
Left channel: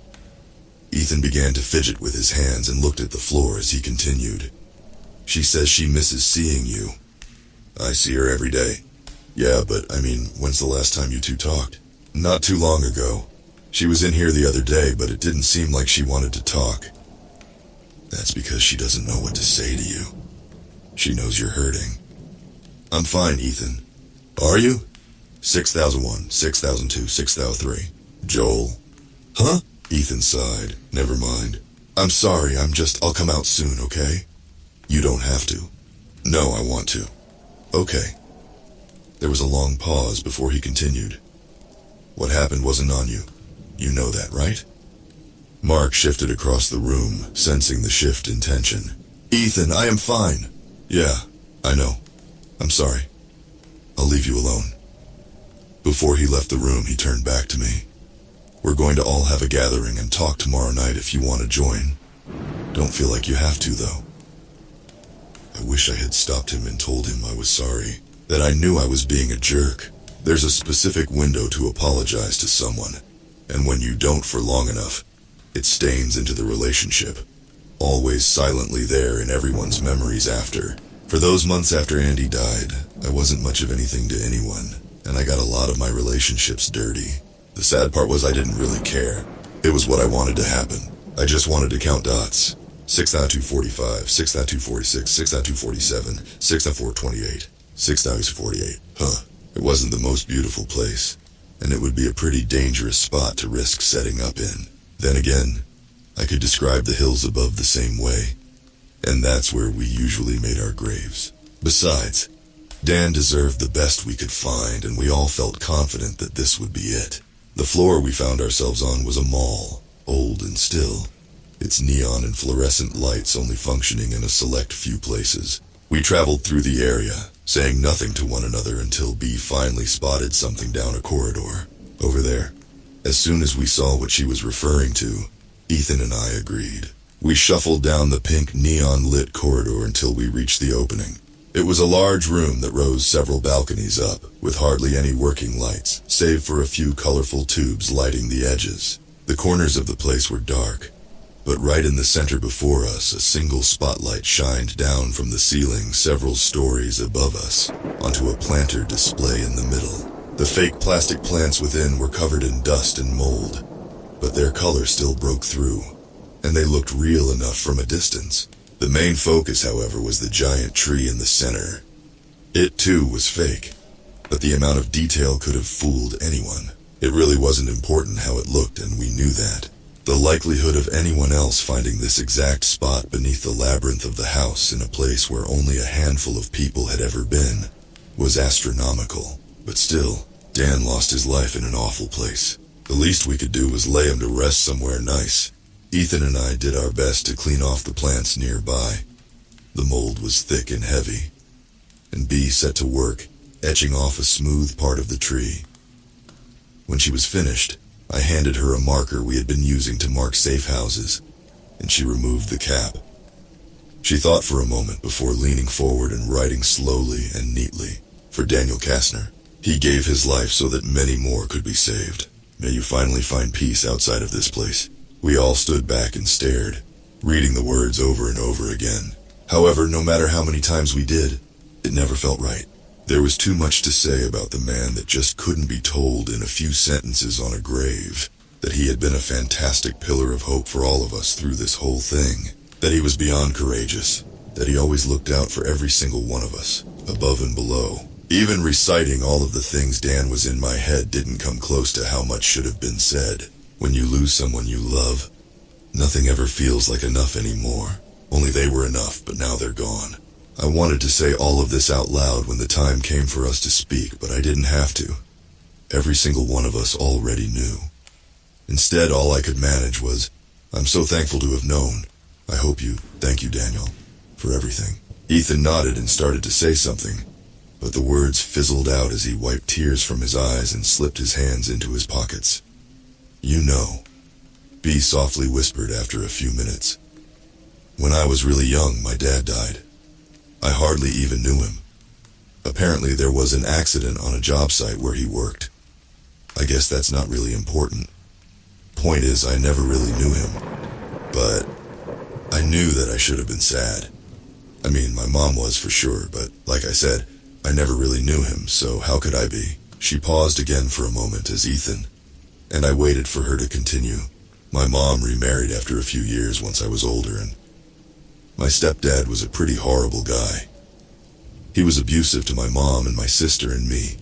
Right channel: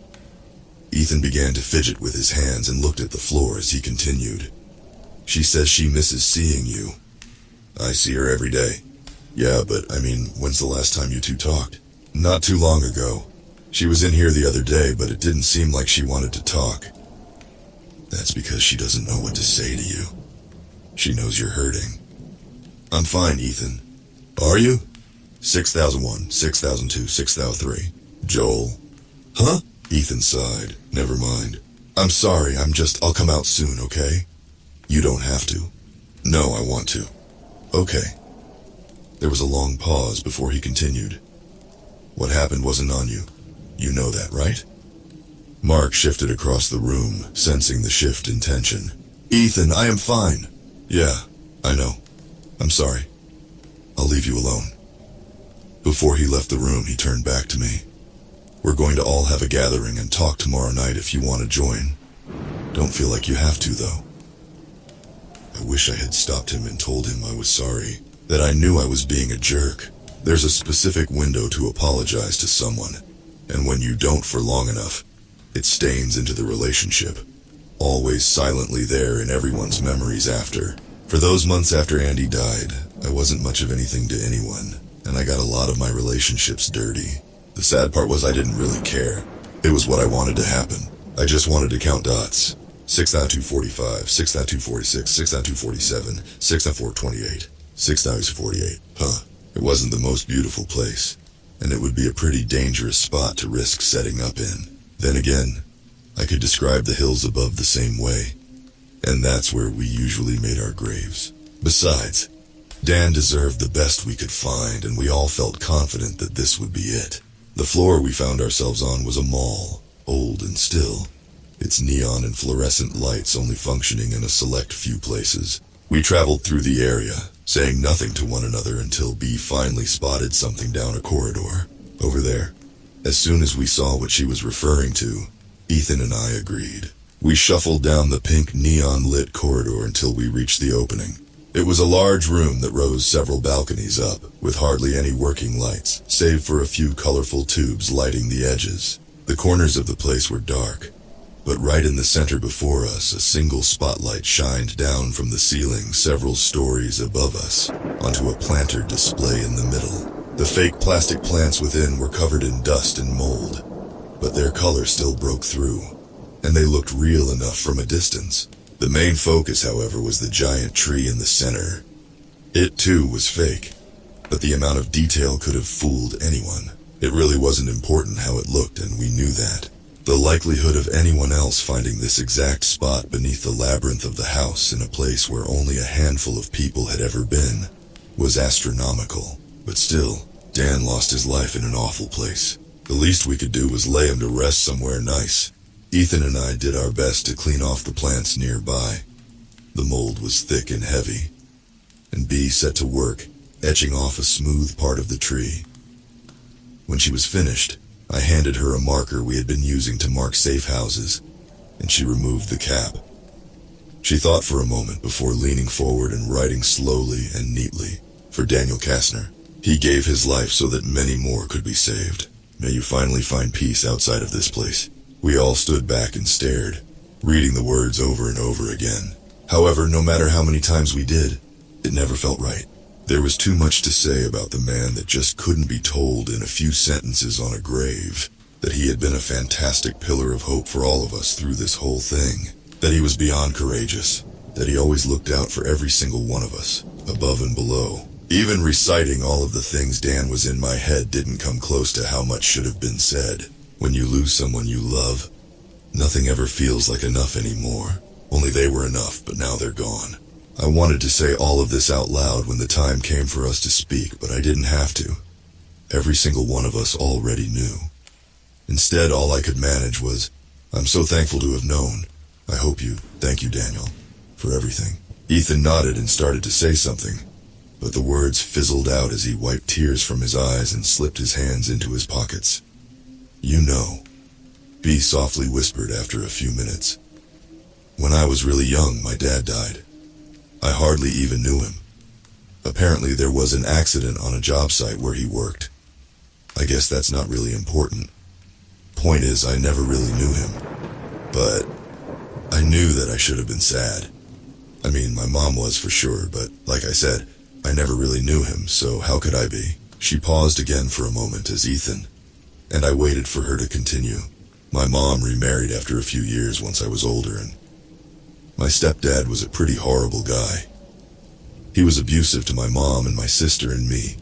Ethan began to fidget with his hands and looked at the floor as he continued. She says she misses seeing you. I see her every day. Yeah, but when's the last time you two talked? Not too long ago. She was in here the other day, but it didn't seem like she wanted to talk. That's because she doesn't know what to say to you. She knows you're hurting. I'm fine, Ethan. Are you? 6001, 6002, 6003. Joel. Huh? Ethan sighed. Never mind. I'm sorry, I'll come out soon, okay? You don't have to. No, I want to. Okay. There was a long pause before he continued. What happened wasn't on you. You know that, right? Mark shifted across the room, sensing the shift in tension. Ethan, I am fine. Yeah, I know. I'm sorry. I'll leave you alone. Before he left the room, he turned back to me. We're going to all have a gathering and talk tomorrow night if you want to join. Don't feel like you have to, though. I wish I had stopped him and told him I was sorry, that I knew I was being a jerk. There's a specific window to apologize to someone, and when you don't for long enough, it stains into the relationship, always silently there in everyone's memories after. For those months after Andy died, I wasn't much of anything to anyone, and I got a lot of my relationships dirty. The sad part was I didn't really care. It was what I wanted to happen. I just wanted to count dots. 6,245, 6,246, 6,247, 6,428, 6,048. Huh. It wasn't the most beautiful place, and it would be a pretty dangerous spot to risk setting up in. Then again, I could describe the hills above the same way, and that's where we usually made our graves. Besides, Dan deserved the best we could find, and we all felt confident that this would be it. The floor we found ourselves on was a mall, old and still, its neon and fluorescent lights only functioning in a select few places. We traveled through the area, saying nothing to one another until B finally spotted something down a corridor. Over there. As soon as we saw what she was referring to, Ethan and I agreed. We shuffled down the pink neon-lit corridor until we reached the opening. It was a large room that rose several balconies up, with hardly any working lights, save for a few colorful tubes lighting the edges. The corners of the place were dark, but right in the center before us, a single spotlight shined down from the ceiling several stories above us, onto a planter display in the middle. The fake plastic plants within were covered in dust and mold, but their color still broke through, and they looked real enough from a distance. The main focus, however, was the giant tree in the center. It, too, was fake, but the amount of detail could have fooled anyone. It really wasn't important how it looked, and we knew that. The likelihood of anyone else finding this exact spot beneath the labyrinth of the house in a place where only a handful of people had ever been was astronomical. But still, Dan lost his life in an awful place. The least we could do was lay him to rest somewhere nice. Ethan and I did our best to clean off the plants nearby. The mold was thick and heavy, and B set to work, etching off a smooth part of the tree. When she was finished, I handed her a marker we had been using to mark safe houses, and she removed the cap. She thought for a moment before leaning forward and writing slowly and neatly. For Daniel Kastner. He gave his life so that many more could be saved. May you finally find peace outside of this place. We all stood back and stared, reading the words over and over again. However, no matter how many times we did, it never felt right. There was too much to say about the man that just couldn't be told in a few sentences on a grave. That he had been a fantastic pillar of hope for all of us through this whole thing. That he was beyond courageous. That he always looked out for every single one of us, above and below. Even reciting all of the things Dan was in my head didn't come close to how much should have been said. When you lose someone you love, nothing ever feels like enough anymore. Only they were enough, but now they're gone. I wanted to say all of this out loud when the time came for us to speak, but I didn't have to. Every single one of us already knew. Instead, all I could manage was, I'm so thankful to have known. Thank you, Daniel, for everything. Ethan nodded and started to say something, but the words fizzled out as he wiped tears from his eyes and slipped his hands into his pockets. You know, B softly whispered after a few minutes. When I was really young, my dad died. I hardly even knew him. Apparently there was an accident on a job site where he worked. I guess that's not really important. Point is, I never really knew him. But I knew that I should have been sad. I mean, my mom was for sure, but like I said, I never really knew him, so how could I be? She paused again for a moment as Ethan, and I waited for her to continue. My mom remarried after a few years once I was older, and my stepdad was a pretty horrible guy. He was abusive to my mom and my sister and me.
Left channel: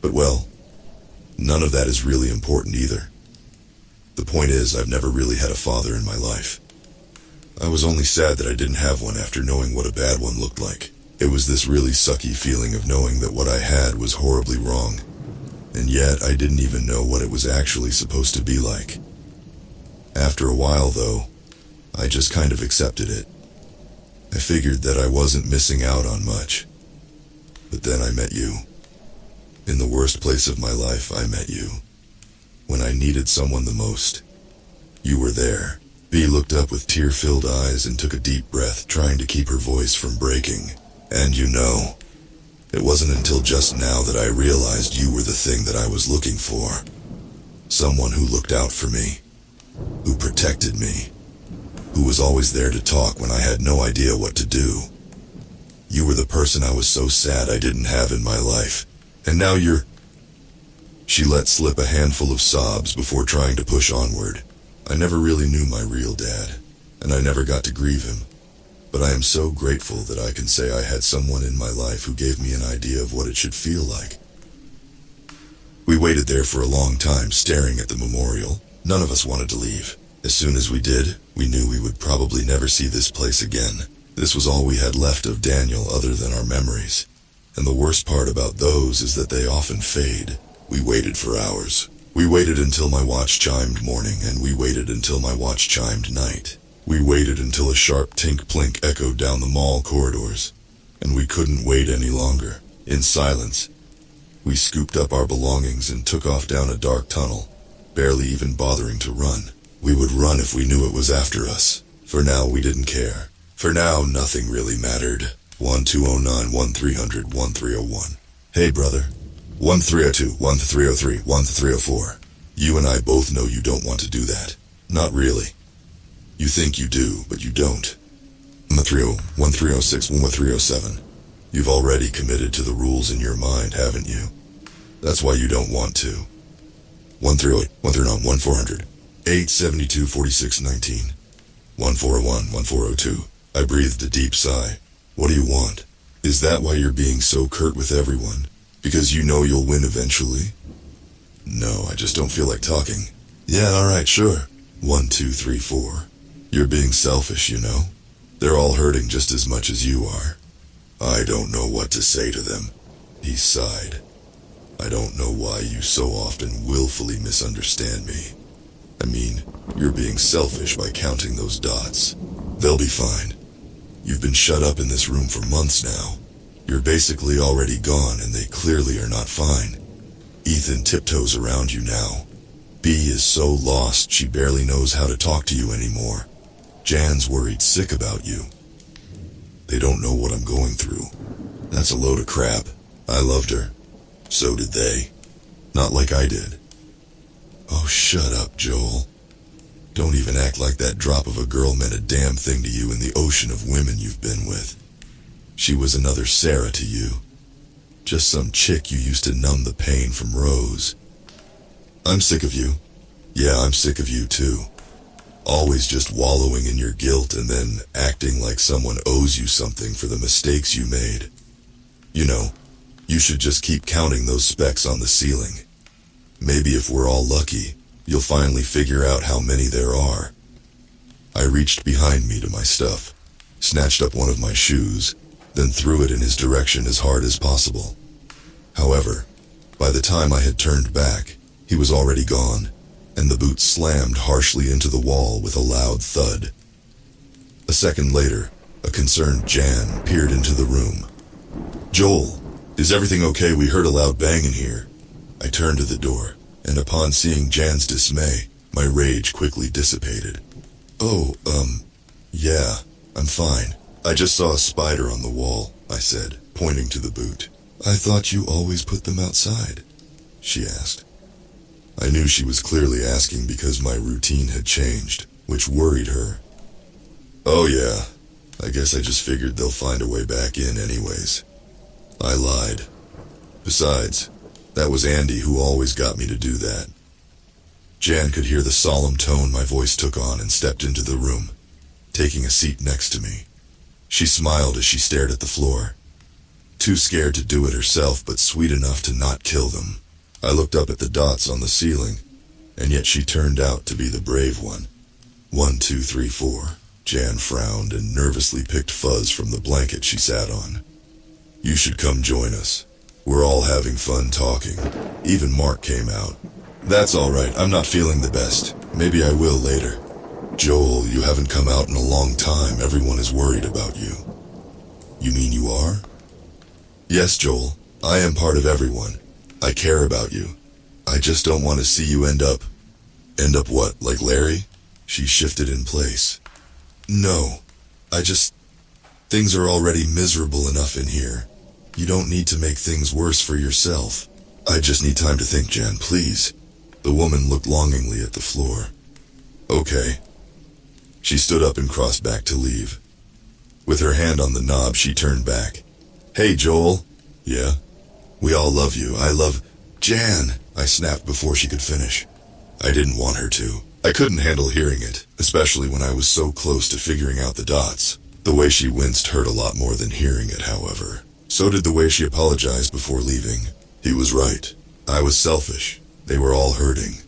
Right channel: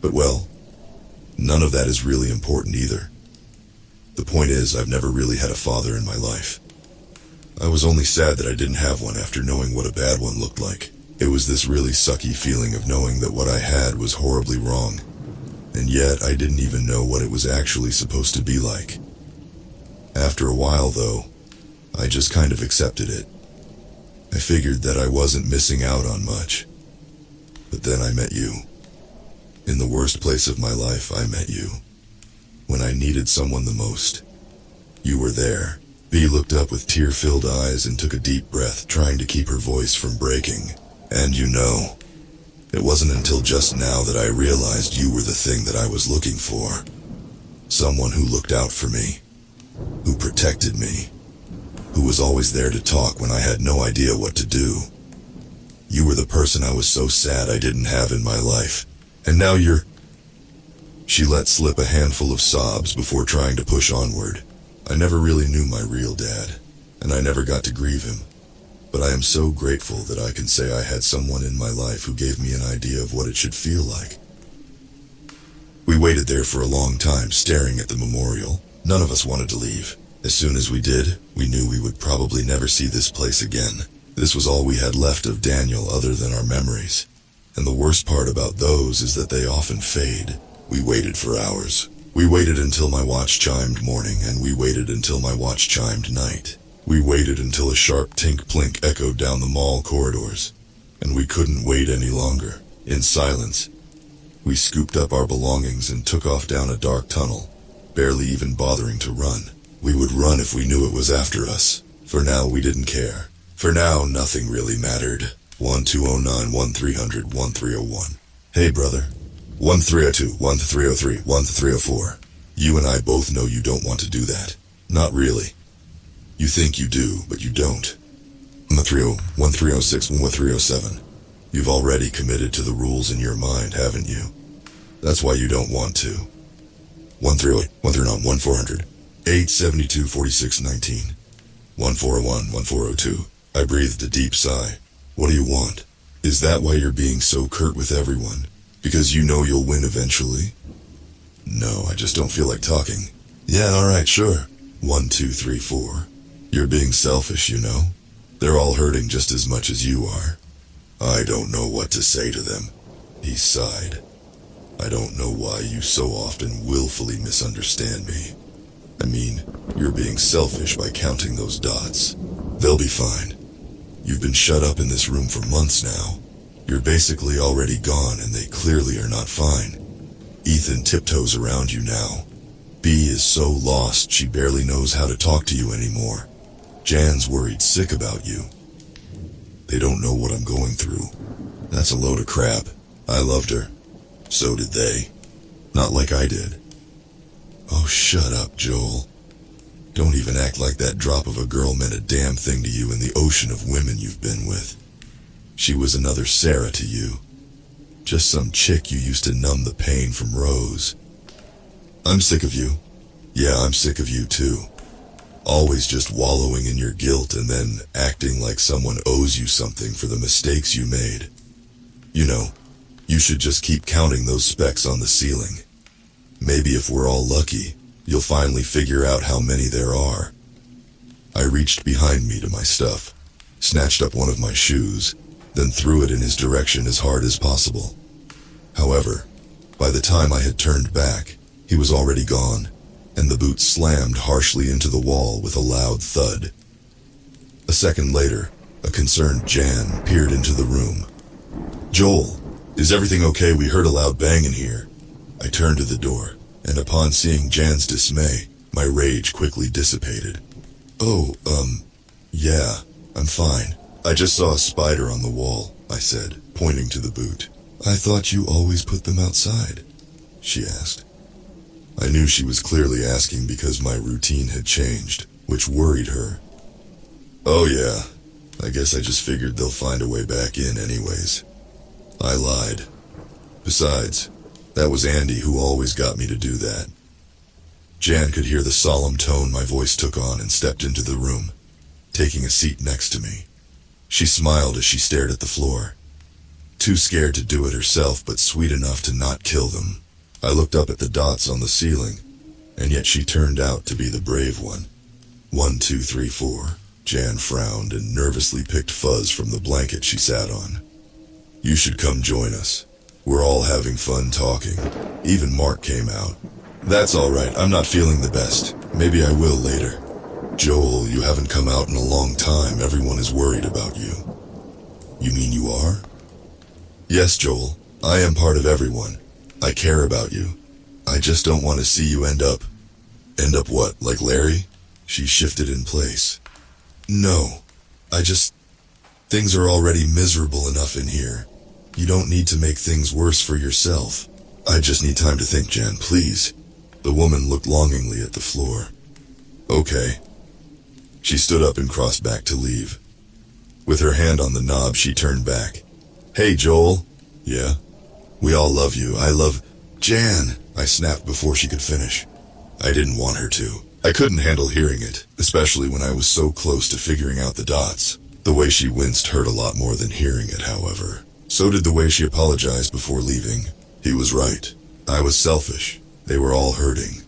But well, none of that is really important either. The point is, I've never really had a father in my life. I was only sad that I didn't have one after knowing what a bad one looked like. It was this really sucky feeling of knowing that what I had was horribly wrong. And yet, I didn't even know what it was actually supposed to be like. After a while, though, I just kind of accepted it. I figured that I wasn't missing out on much. But then I met you. In the worst place of my life, I met you. When I needed someone the most. You were there. Bea looked up with tear-filled eyes and took a deep breath, trying to keep her voice from breaking. And you know, it wasn't until just now that I realized you were the thing that I was looking for. Someone who looked out for me. Who protected me. Who was always there to talk when I had no idea what to do. You were the person I was so sad I didn't have in my life. And now you're... She let slip a handful of sobs before trying to push onward. I never really knew my real dad, and I never got to grieve him. But I am so grateful that I can say I had someone in my life who gave me an idea of what it should feel like. We waited there for a long time, staring at the memorial. None of us wanted to leave. As soon as we did, we knew we would probably never see this place again. This was all we had left of Daniel other than our memories. And the worst part about those is that they often fade. We waited for hours. We waited until my watch chimed morning, and we waited until my watch chimed night. We waited until a sharp tink-plink echoed down the mall corridors. And we couldn't wait any longer. In silence, we scooped up our belongings and took off down a dark tunnel, barely even bothering to run. We would run if we knew it was after us. For now, we didn't care. For now, nothing really mattered. 1209 1300 1301. Hey, brother. 1302 1303 1304. You and I both know you don't want to do that. Not really. You think you do, but you don't. 1330, 1306, 1307. You've already committed to the rules in your mind, haven't you? That's why you don't want to. 138, 139, 1400, 872, 46, 19. 1401, 1402. I breathed a deep sigh. What do you want? Is that why you're being so curt with everyone? Because you know you'll win eventually? No, I just don't feel like talking. Yeah, alright, sure. 1, 2, 3, 4. You're being selfish, you know? They're all hurting just as much as you are. I don't know what to say to them. He sighed. I don't know why you so often willfully misunderstand me. I mean, you're being selfish by counting those dots. They'll be fine. You've been shut up in this room for months now. You're basically already gone, and they clearly are not fine. Ethan tiptoes around you now. Bea is so lost she barely knows how to talk to you anymore. Jan's worried sick about you. They don't know what I'm going through. That's a load of crap. I loved her. So did they. Not like I did. Oh, shut up, Joel. Don't even act like that drop of a girl meant a damn thing to you in the ocean of women you've been with. She was another Sarah to you. Just some chick you used to numb the pain from Rose. I'm sick of you. Yeah, I'm sick of you too. Always just wallowing in your guilt and then acting like someone owes you something for the mistakes you made. You know, you should just keep counting those specks on the ceiling. Maybe if we're all lucky, you'll finally figure out how many there are. I reached behind me to my stuff, snatched up one of my shoes, then threw it in his direction as hard as possible. However, by the time I had turned back, he was already gone, and the boot slammed harshly into the wall with a loud thud. A second later, a concerned Jan peered into the room. Joel, is everything okay? We heard a loud bang in here. I turned to the door, and upon seeing Jan's dismay, my rage quickly dissipated. Oh, yeah, I'm fine. I just saw a spider on the wall, I said, pointing to the boot. I thought you always put them outside, she asked. I knew she was clearly asking because my routine had changed, which worried her. Oh yeah, I guess I just figured they'll find a way back in anyways. I lied. Besides, that was Andy who always got me to do that. Jan could hear the solemn tone my voice took on and stepped into the room, taking a seat next to me. She smiled as she stared at the floor. Too scared to do it herself, but sweet enough to not kill them. I looked up at the dots on the ceiling, and yet she turned out to be the brave one. 1, 2, 3, 4. Jan frowned and nervously picked fuzz from the blanket she sat on. You should come join us. We're all having fun talking. Even Mark came out. That's all right, I'm not feeling the best. Maybe I will later. Joel, you haven't come out in a long time. Everyone is worried about you. You mean you are? Yes, Joel. I am part of everyone. I care about you. I just don't want to see you end up... End up what, like Larry? She shifted in place. No. Things are already miserable enough in here. You don't need to make things worse for yourself. I just need time to think, Jan, please. The woman looked longingly at the floor. Okay. She stood up and crossed back to leave. With her hand on the knob, she turned back. Hey, Joel. Yeah? We all love you. I love... Jan, I snapped before she could finish. I didn't want her to. I couldn't handle hearing it, especially when I was so close to figuring out the dots. The way she winced hurt a lot more than hearing it, however. So did the way she apologized before leaving. He was right. I was selfish. They were all hurting.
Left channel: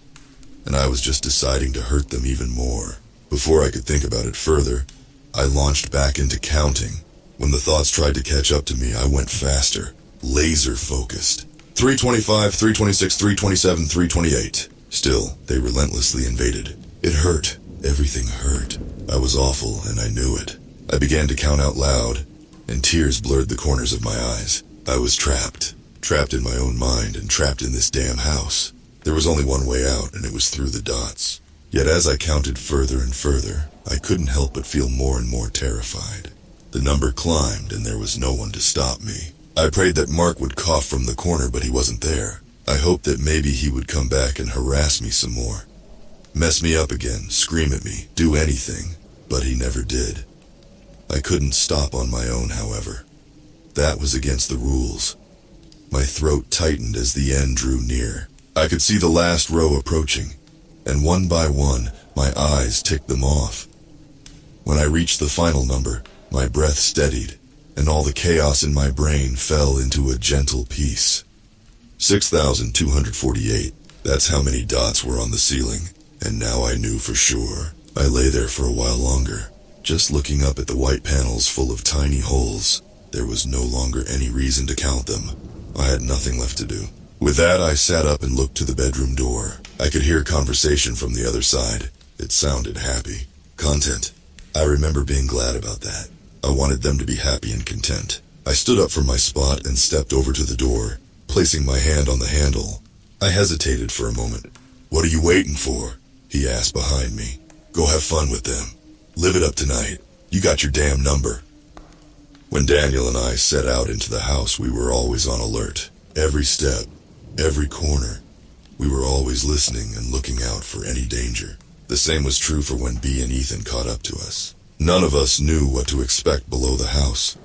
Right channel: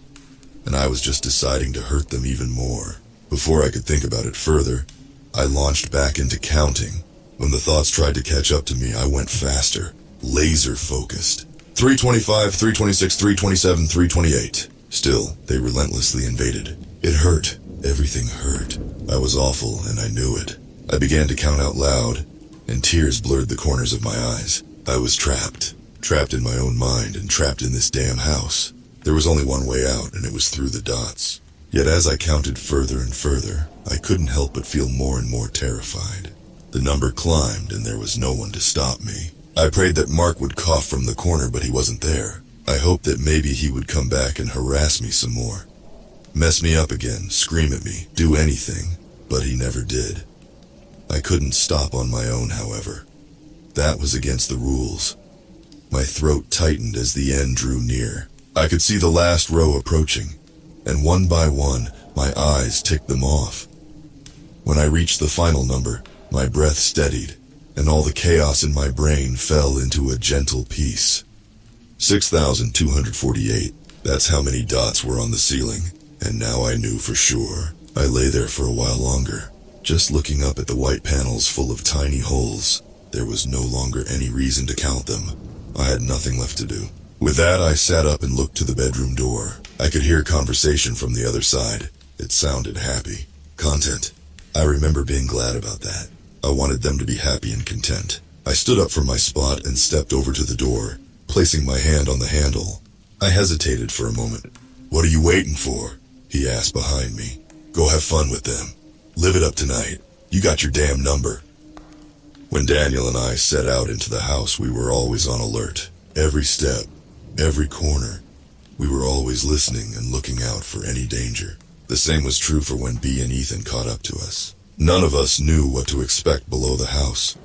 And I was just deciding to hurt them even more. Before I could think about it further, I launched back into counting. When the thoughts tried to catch up to me, I went faster, laser-focused. 325, 326, 327, 328. Still, they relentlessly invaded. It hurt. Everything hurt. I was awful, and I knew it. I began to count out loud, and tears blurred the corners of my eyes. I was trapped. Trapped in my own mind and trapped in this damn house. There was only one way out, and it was through the dots. Yet as I counted further and further, I couldn't help but feel more and more terrified. The number climbed, and there was no one to stop me. I prayed that Mark would cough from the corner, but he wasn't there. I hoped that maybe he would come back and harass me some more. Mess me up again, scream at me, do anything, but he never did. I couldn't stop on my own, however. That was against the rules. My throat tightened as the end drew near. I could see the last row approaching, and one by one, my eyes ticked them off. When I reached the final number, my breath steadied, and all the chaos in my brain fell into a gentle peace. 6,248. That's how many dots were on the ceiling, and now I knew for sure. I lay there for a while longer, just looking up at the white panels full of tiny holes. There was no longer any reason to count them. I had nothing left to do. With that, I sat up and looked to the bedroom door. I could hear conversation from the other side. It sounded happy. Content. I remember being glad about that. I wanted them to be happy and content. I stood up from my spot and stepped over to the door, placing my hand on the handle. I hesitated for a moment. What are you waiting for? He asked behind me. Go have fun with them. Live it up tonight. You got your damn number. When Daniel and I set out into the house, we were always on alert. Every step, every corner. We were always listening and looking out for any danger. The same was true for when Bea and Ethan caught up to us. None of us knew what to expect below the house.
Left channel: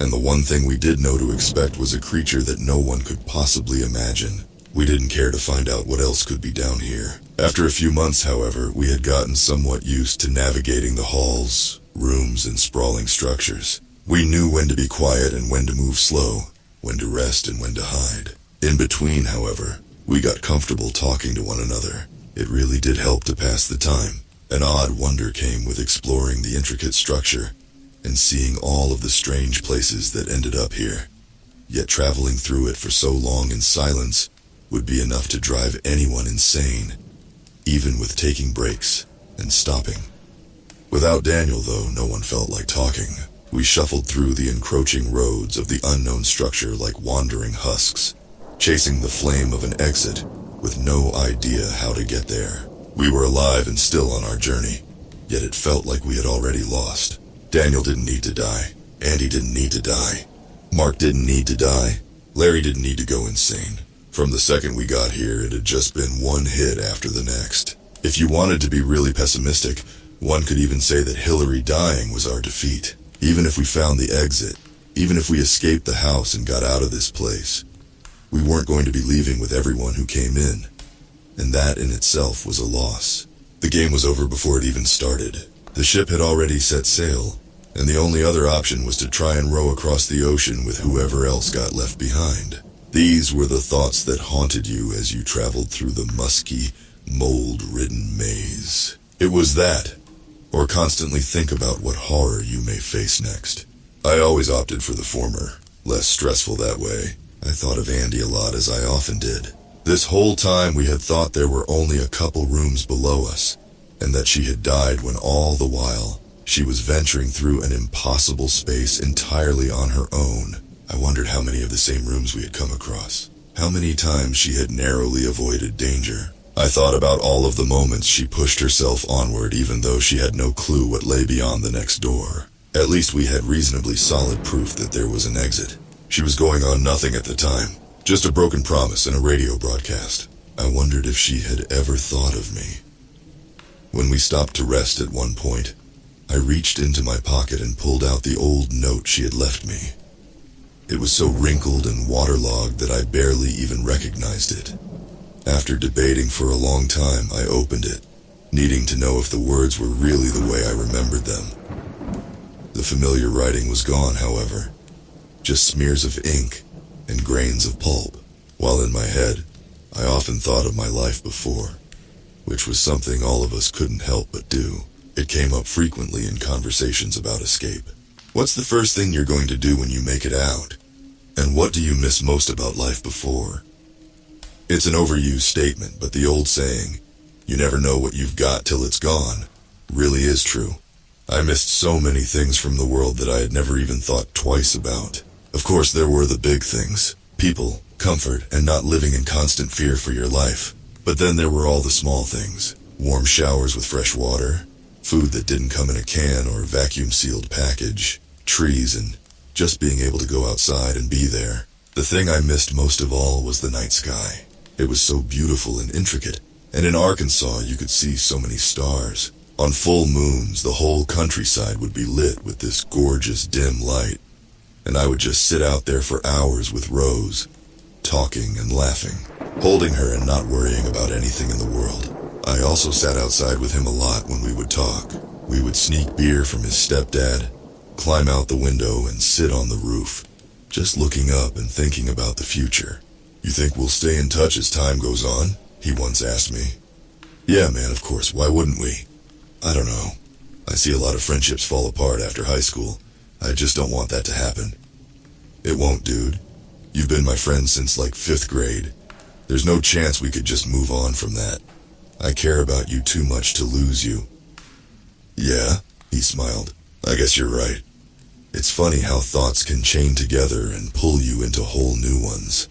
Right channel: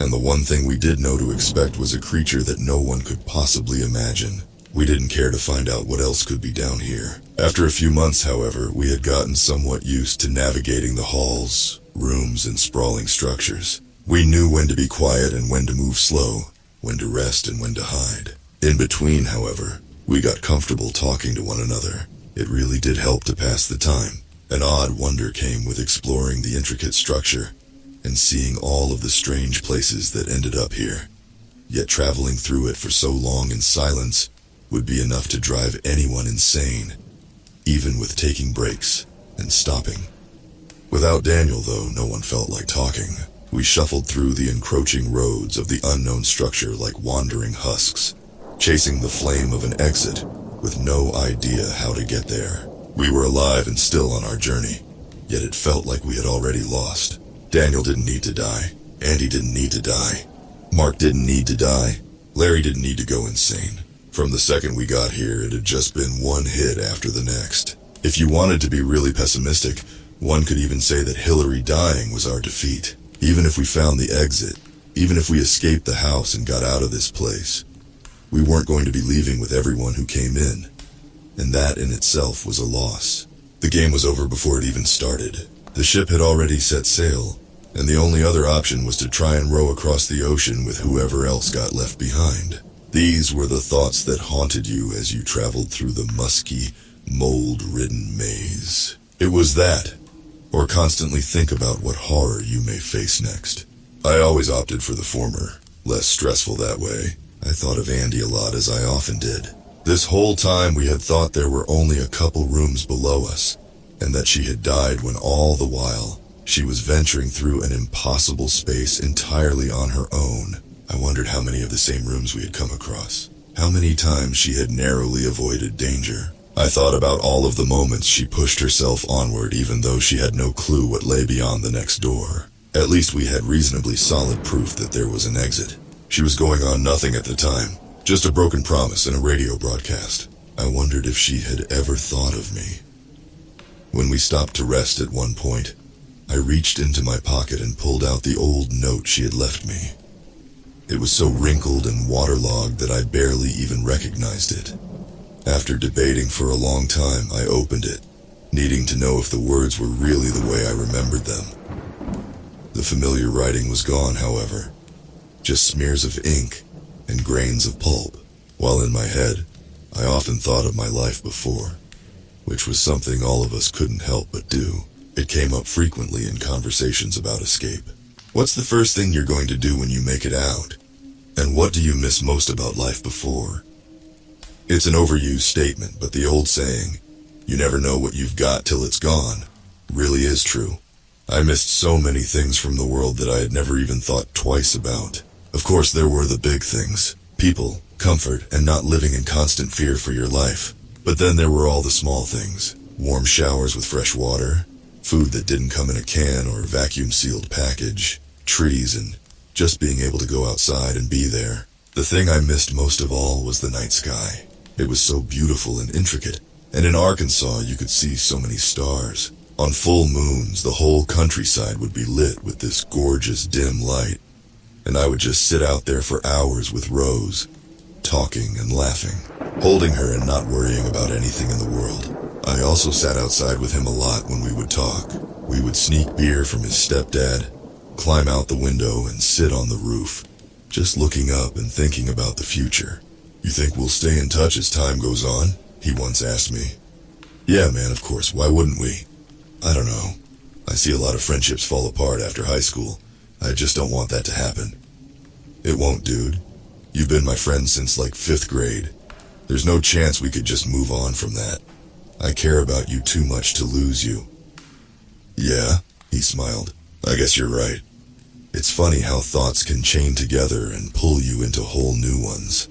And the one thing we did know to expect was a creature that no one could possibly imagine. We didn't care to find out what else could be down here. After a few months, however, we had gotten somewhat used to navigating the halls, rooms, and sprawling structures. We knew when to be quiet and when to move slow, when to rest and when to hide. In between, however, we got comfortable talking to one another. It really did help to pass the time. An odd wonder came with exploring the intricate structure and seeing all of the strange places that ended up here. Yet traveling through it for so long in silence would be enough to drive anyone insane, even with taking breaks and stopping. Without Daniel, though, no one felt like talking. We shuffled through the encroaching roads of the unknown structure like wandering husks, chasing the flame of an exit with no idea how to get there. We were alive and still on our journey, yet it felt like we had already lost. Daniel didn't need to die. Andy didn't need to die. Mark didn't need to die. Larry didn't need to go insane. From the second we got here, it had just been one hit after the next. If you wanted to be really pessimistic, one could even say that Hillary dying was our defeat. Even if we found the exit, even if we escaped the house and got out of this place, we weren't going to be leaving with everyone who came in. And that in itself was a loss. The game was over before it even started. The ship had already set sail, and the only other option was to try and row across the ocean with whoever else got left behind. These were the thoughts that haunted you as you traveled through the musky, mold-ridden maze. It was that, or constantly think about what horror you may face next. I always opted for the former, less stressful that way. I thought of Andy a lot, as I often did. This whole time we had thought there were only a couple rooms below us, and that she had died when all the while she was venturing through an impossible space entirely on her own. I wondered how many of the same rooms we had come across, how many times she had narrowly avoided danger. I thought about all of the moments she pushed herself onward even though she had no clue what lay beyond the next door. At least we had reasonably solid proof that there was an exit. She was going on nothing at the time, just a broken promise in a radio broadcast. I wondered if she had ever thought of me. When we stopped to rest at one point, I reached into my pocket and pulled out the old note she had left me. It was so wrinkled and waterlogged that I barely even recognized it. After debating for a long time, I opened it, needing to know if the words were really the way I remembered them. The familiar writing was gone, however, just smears of ink and grains of pulp. While in my head, I often thought of my life before, which was something all of us couldn't help but do. It came up frequently in conversations about escape. What's the first thing you're going to do when you make it out? And what do you miss most about life before? It's an overused statement, but the old saying, "You never know what you've got till it's gone," really is true. I missed so many things from the world that I had never even thought twice about. Of course, there were the big things: people, comfort, and not living in constant fear for your life. But then there were all the small things: warm showers with fresh water, food that didn't come in a can or vacuum-sealed package, trees, and just being able to go outside and be there. The thing I missed most of all was the night sky. It was so beautiful and intricate, and in Arkansas you could see so many stars. On full moons, the whole countryside would be lit with this gorgeous dim light, and I would just sit out there for hours with Rose, talking and laughing, holding her and not worrying about anything in the world. I also sat outside with him a lot when we would talk. We would sneak beer from his stepdad, climb out the window and sit on the roof, just looking up and thinking about the future. "You think we'll stay in touch as time goes on?" he once asked me. "Yeah, man, of course. Why wouldn't we?" I don't know. I see a lot of friendships fall apart after high school. I just don't want that to happen. It won't, dude. You've been my friend since like 5th grade. There's no chance we could just move on from that. I care about you too much to lose you. "Yeah," he smiled. "I guess you're right. It's funny how thoughts can chain together and pull you into whole new ones.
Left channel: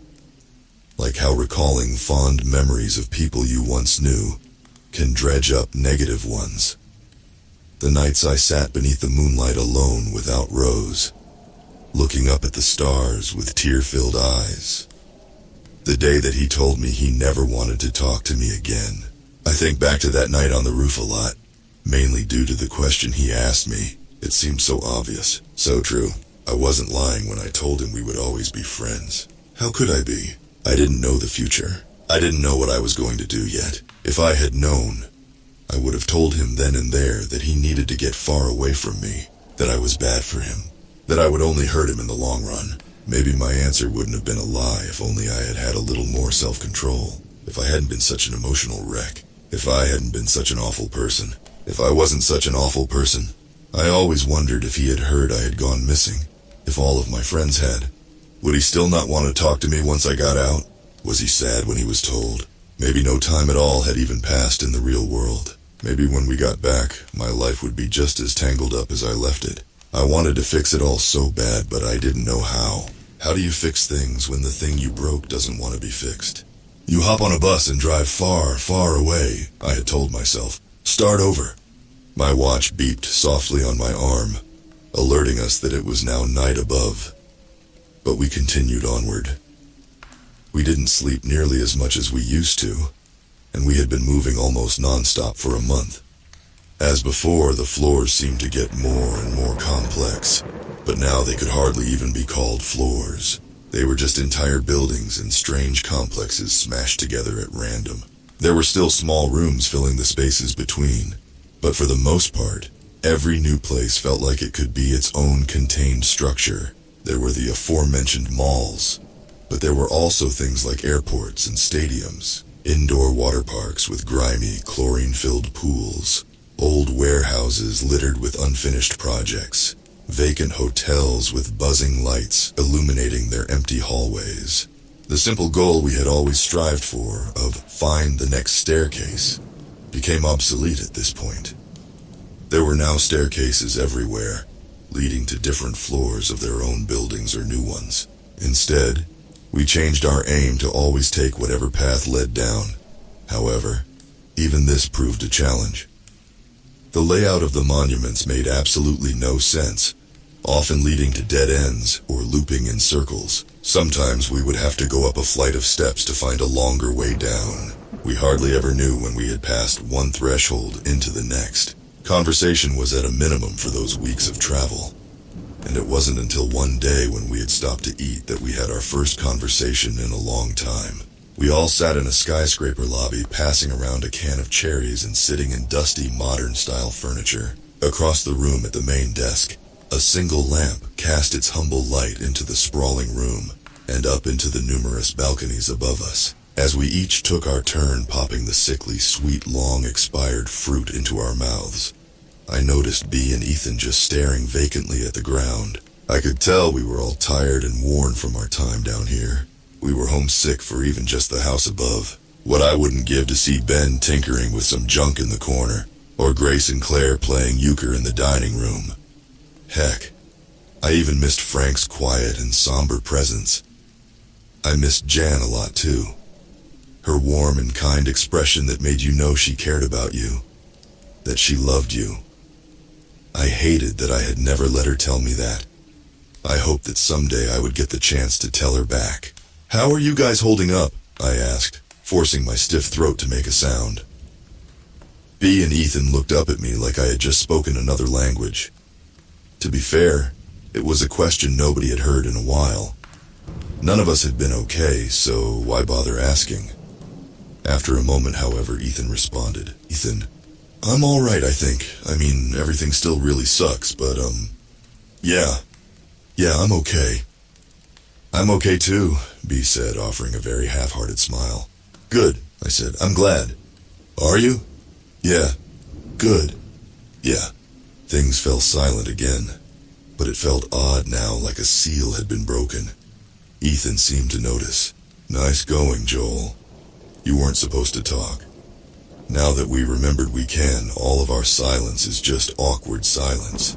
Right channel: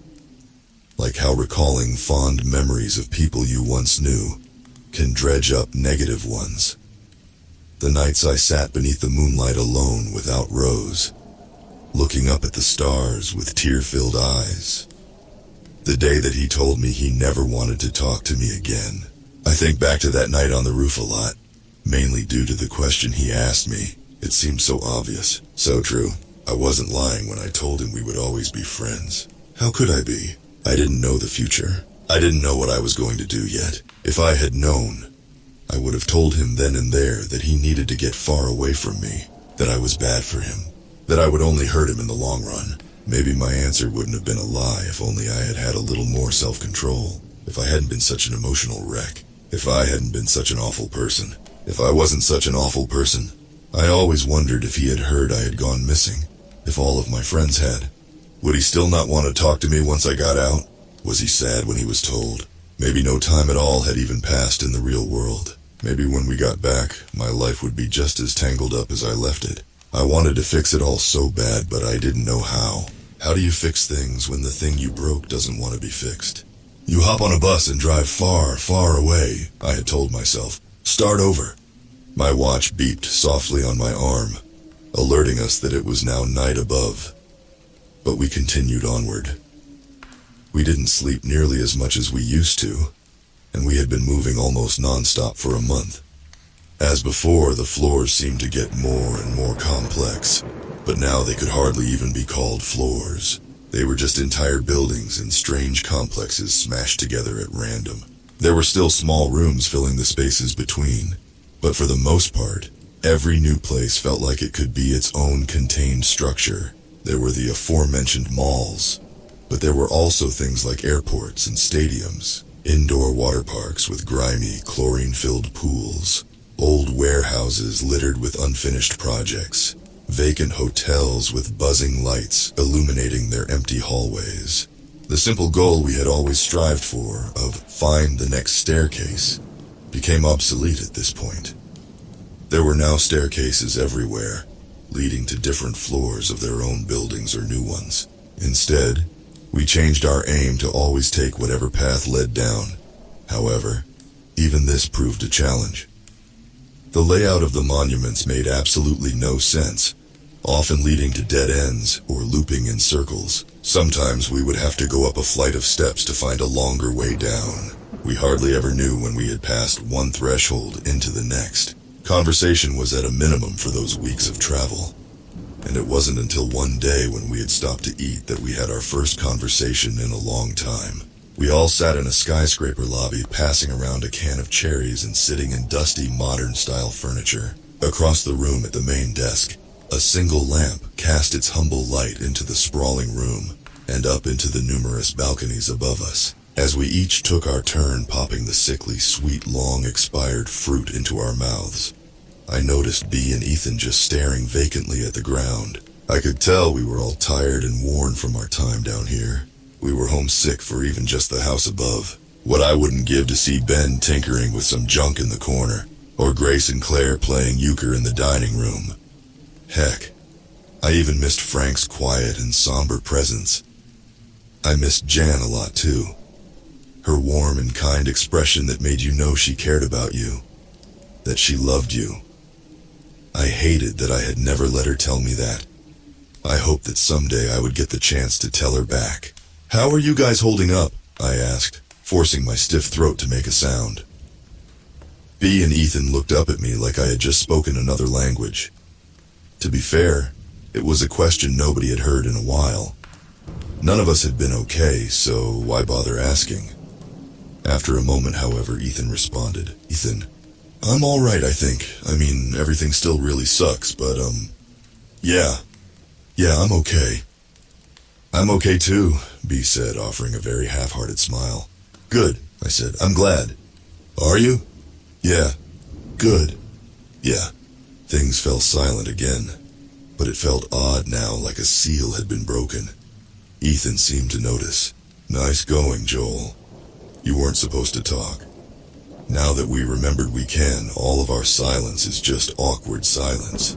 Like how recalling fond memories of people you once knew can dredge up negative ones. The nights I sat beneath the moonlight alone without Rose, looking up at the stars with tear-filled eyes. The day that he told me he never wanted to talk to me again. I think back to that night on the roof a lot, mainly due to the question he asked me. It seemed so obvious, so true. I wasn't lying when I told him we would always be friends. How could I be? I didn't know the future. I didn't know what I was going to do yet. If I had known, I would have told him then and there that he needed to get far away from me, that I was bad for him, that I would only hurt him in the long run. Maybe my answer wouldn't have been a lie if only I had had a little more self-control, if I hadn't been such an emotional wreck, if I hadn't been such an awful person. If I wasn't such an awful person, I always wondered if he had heard I had gone missing, if all of my friends had. Would he still not want to talk to me once I got out? Was he sad when he was told? Maybe no time at all had even passed in the real world. Maybe when we got back, my life would be just as tangled up as I left it. I wanted to fix it all so bad, but I didn't know how. How do you fix things when the thing you broke doesn't want to be fixed? You hop on a bus and drive far, far away, I had told myself. Start over. My watch beeped softly on my arm, alerting us that it was now night above. But we continued onward. We didn't sleep nearly as much as we used to, and we had been moving almost non-stop for a month. As before, the floors seemed to get more and more complex, but now they could hardly even be called floors. They were just entire buildings and strange complexes smashed together at random. There were still small rooms filling the spaces between, but for the most part, every new place felt like it could be its own contained structure. There were the aforementioned malls, but there were also things like airports and stadiums, indoor water parks with grimy, chlorine-filled pools, old warehouses littered with unfinished projects, vacant hotels with buzzing lights illuminating their empty hallways. The simple goal we had always strived for, of find the next staircase, became obsolete at this point. There were now staircases everywhere, leading to different floors of their own buildings or new ones. Instead, we changed our aim to always take whatever path led down. However, even this proved a challenge. The layout of the monuments made absolutely no sense, often leading to dead ends or looping in circles. Sometimes we would have to go up a flight of steps to find a longer way down. We hardly ever knew when we had passed one threshold into the next. Conversation was at a minimum for those weeks of travel, and it wasn't until one day when we had stopped to eat that we had our first conversation in a long time. We all sat in a skyscraper lobby, passing around a can of cherries and sitting in dusty modern-style furniture. Across the room at the main desk, a single lamp cast its humble light into the sprawling room and up into the numerous balconies above us. As we each took our turn popping the sickly sweet long-expired fruit into our mouths, I noticed Bea and Ethan just staring vacantly at the ground. I could tell we were all tired and worn from our time down here. We were homesick for even just the house above. What I wouldn't give to see Ben tinkering with some junk in the corner, or Grace and Claire playing euchre in the dining room. Heck, I even missed Frank's quiet and somber presence. I missed Jan a lot too. Her warm and kind expression that made you know she cared about you, that she loved you. I hated that I had never let her tell me that. I hoped that someday I would get the chance to tell her back. "How are you guys holding up?" I asked, forcing my stiff throat to make a sound. Bea and Ethan looked up at me like I had just spoken another language. To be fair, it was a question nobody had heard in a while. None of us had been okay, so why bother asking? After a moment, however, Ethan responded. "Ethan, I'm all right, I think. I mean, everything still really sucks, but, yeah, I'm okay." "I'm okay too," Bea said, offering a very half-hearted smile. "Good," I said. "I'm glad." "Are you?" "Yeah." "Good." "Yeah." Things fell silent again, but it felt odd now, like a seal had been broken. Ethan seemed to notice. "Nice going, Joel. You weren't supposed to talk. Now that we remembered we can, all of our silence is just awkward silence."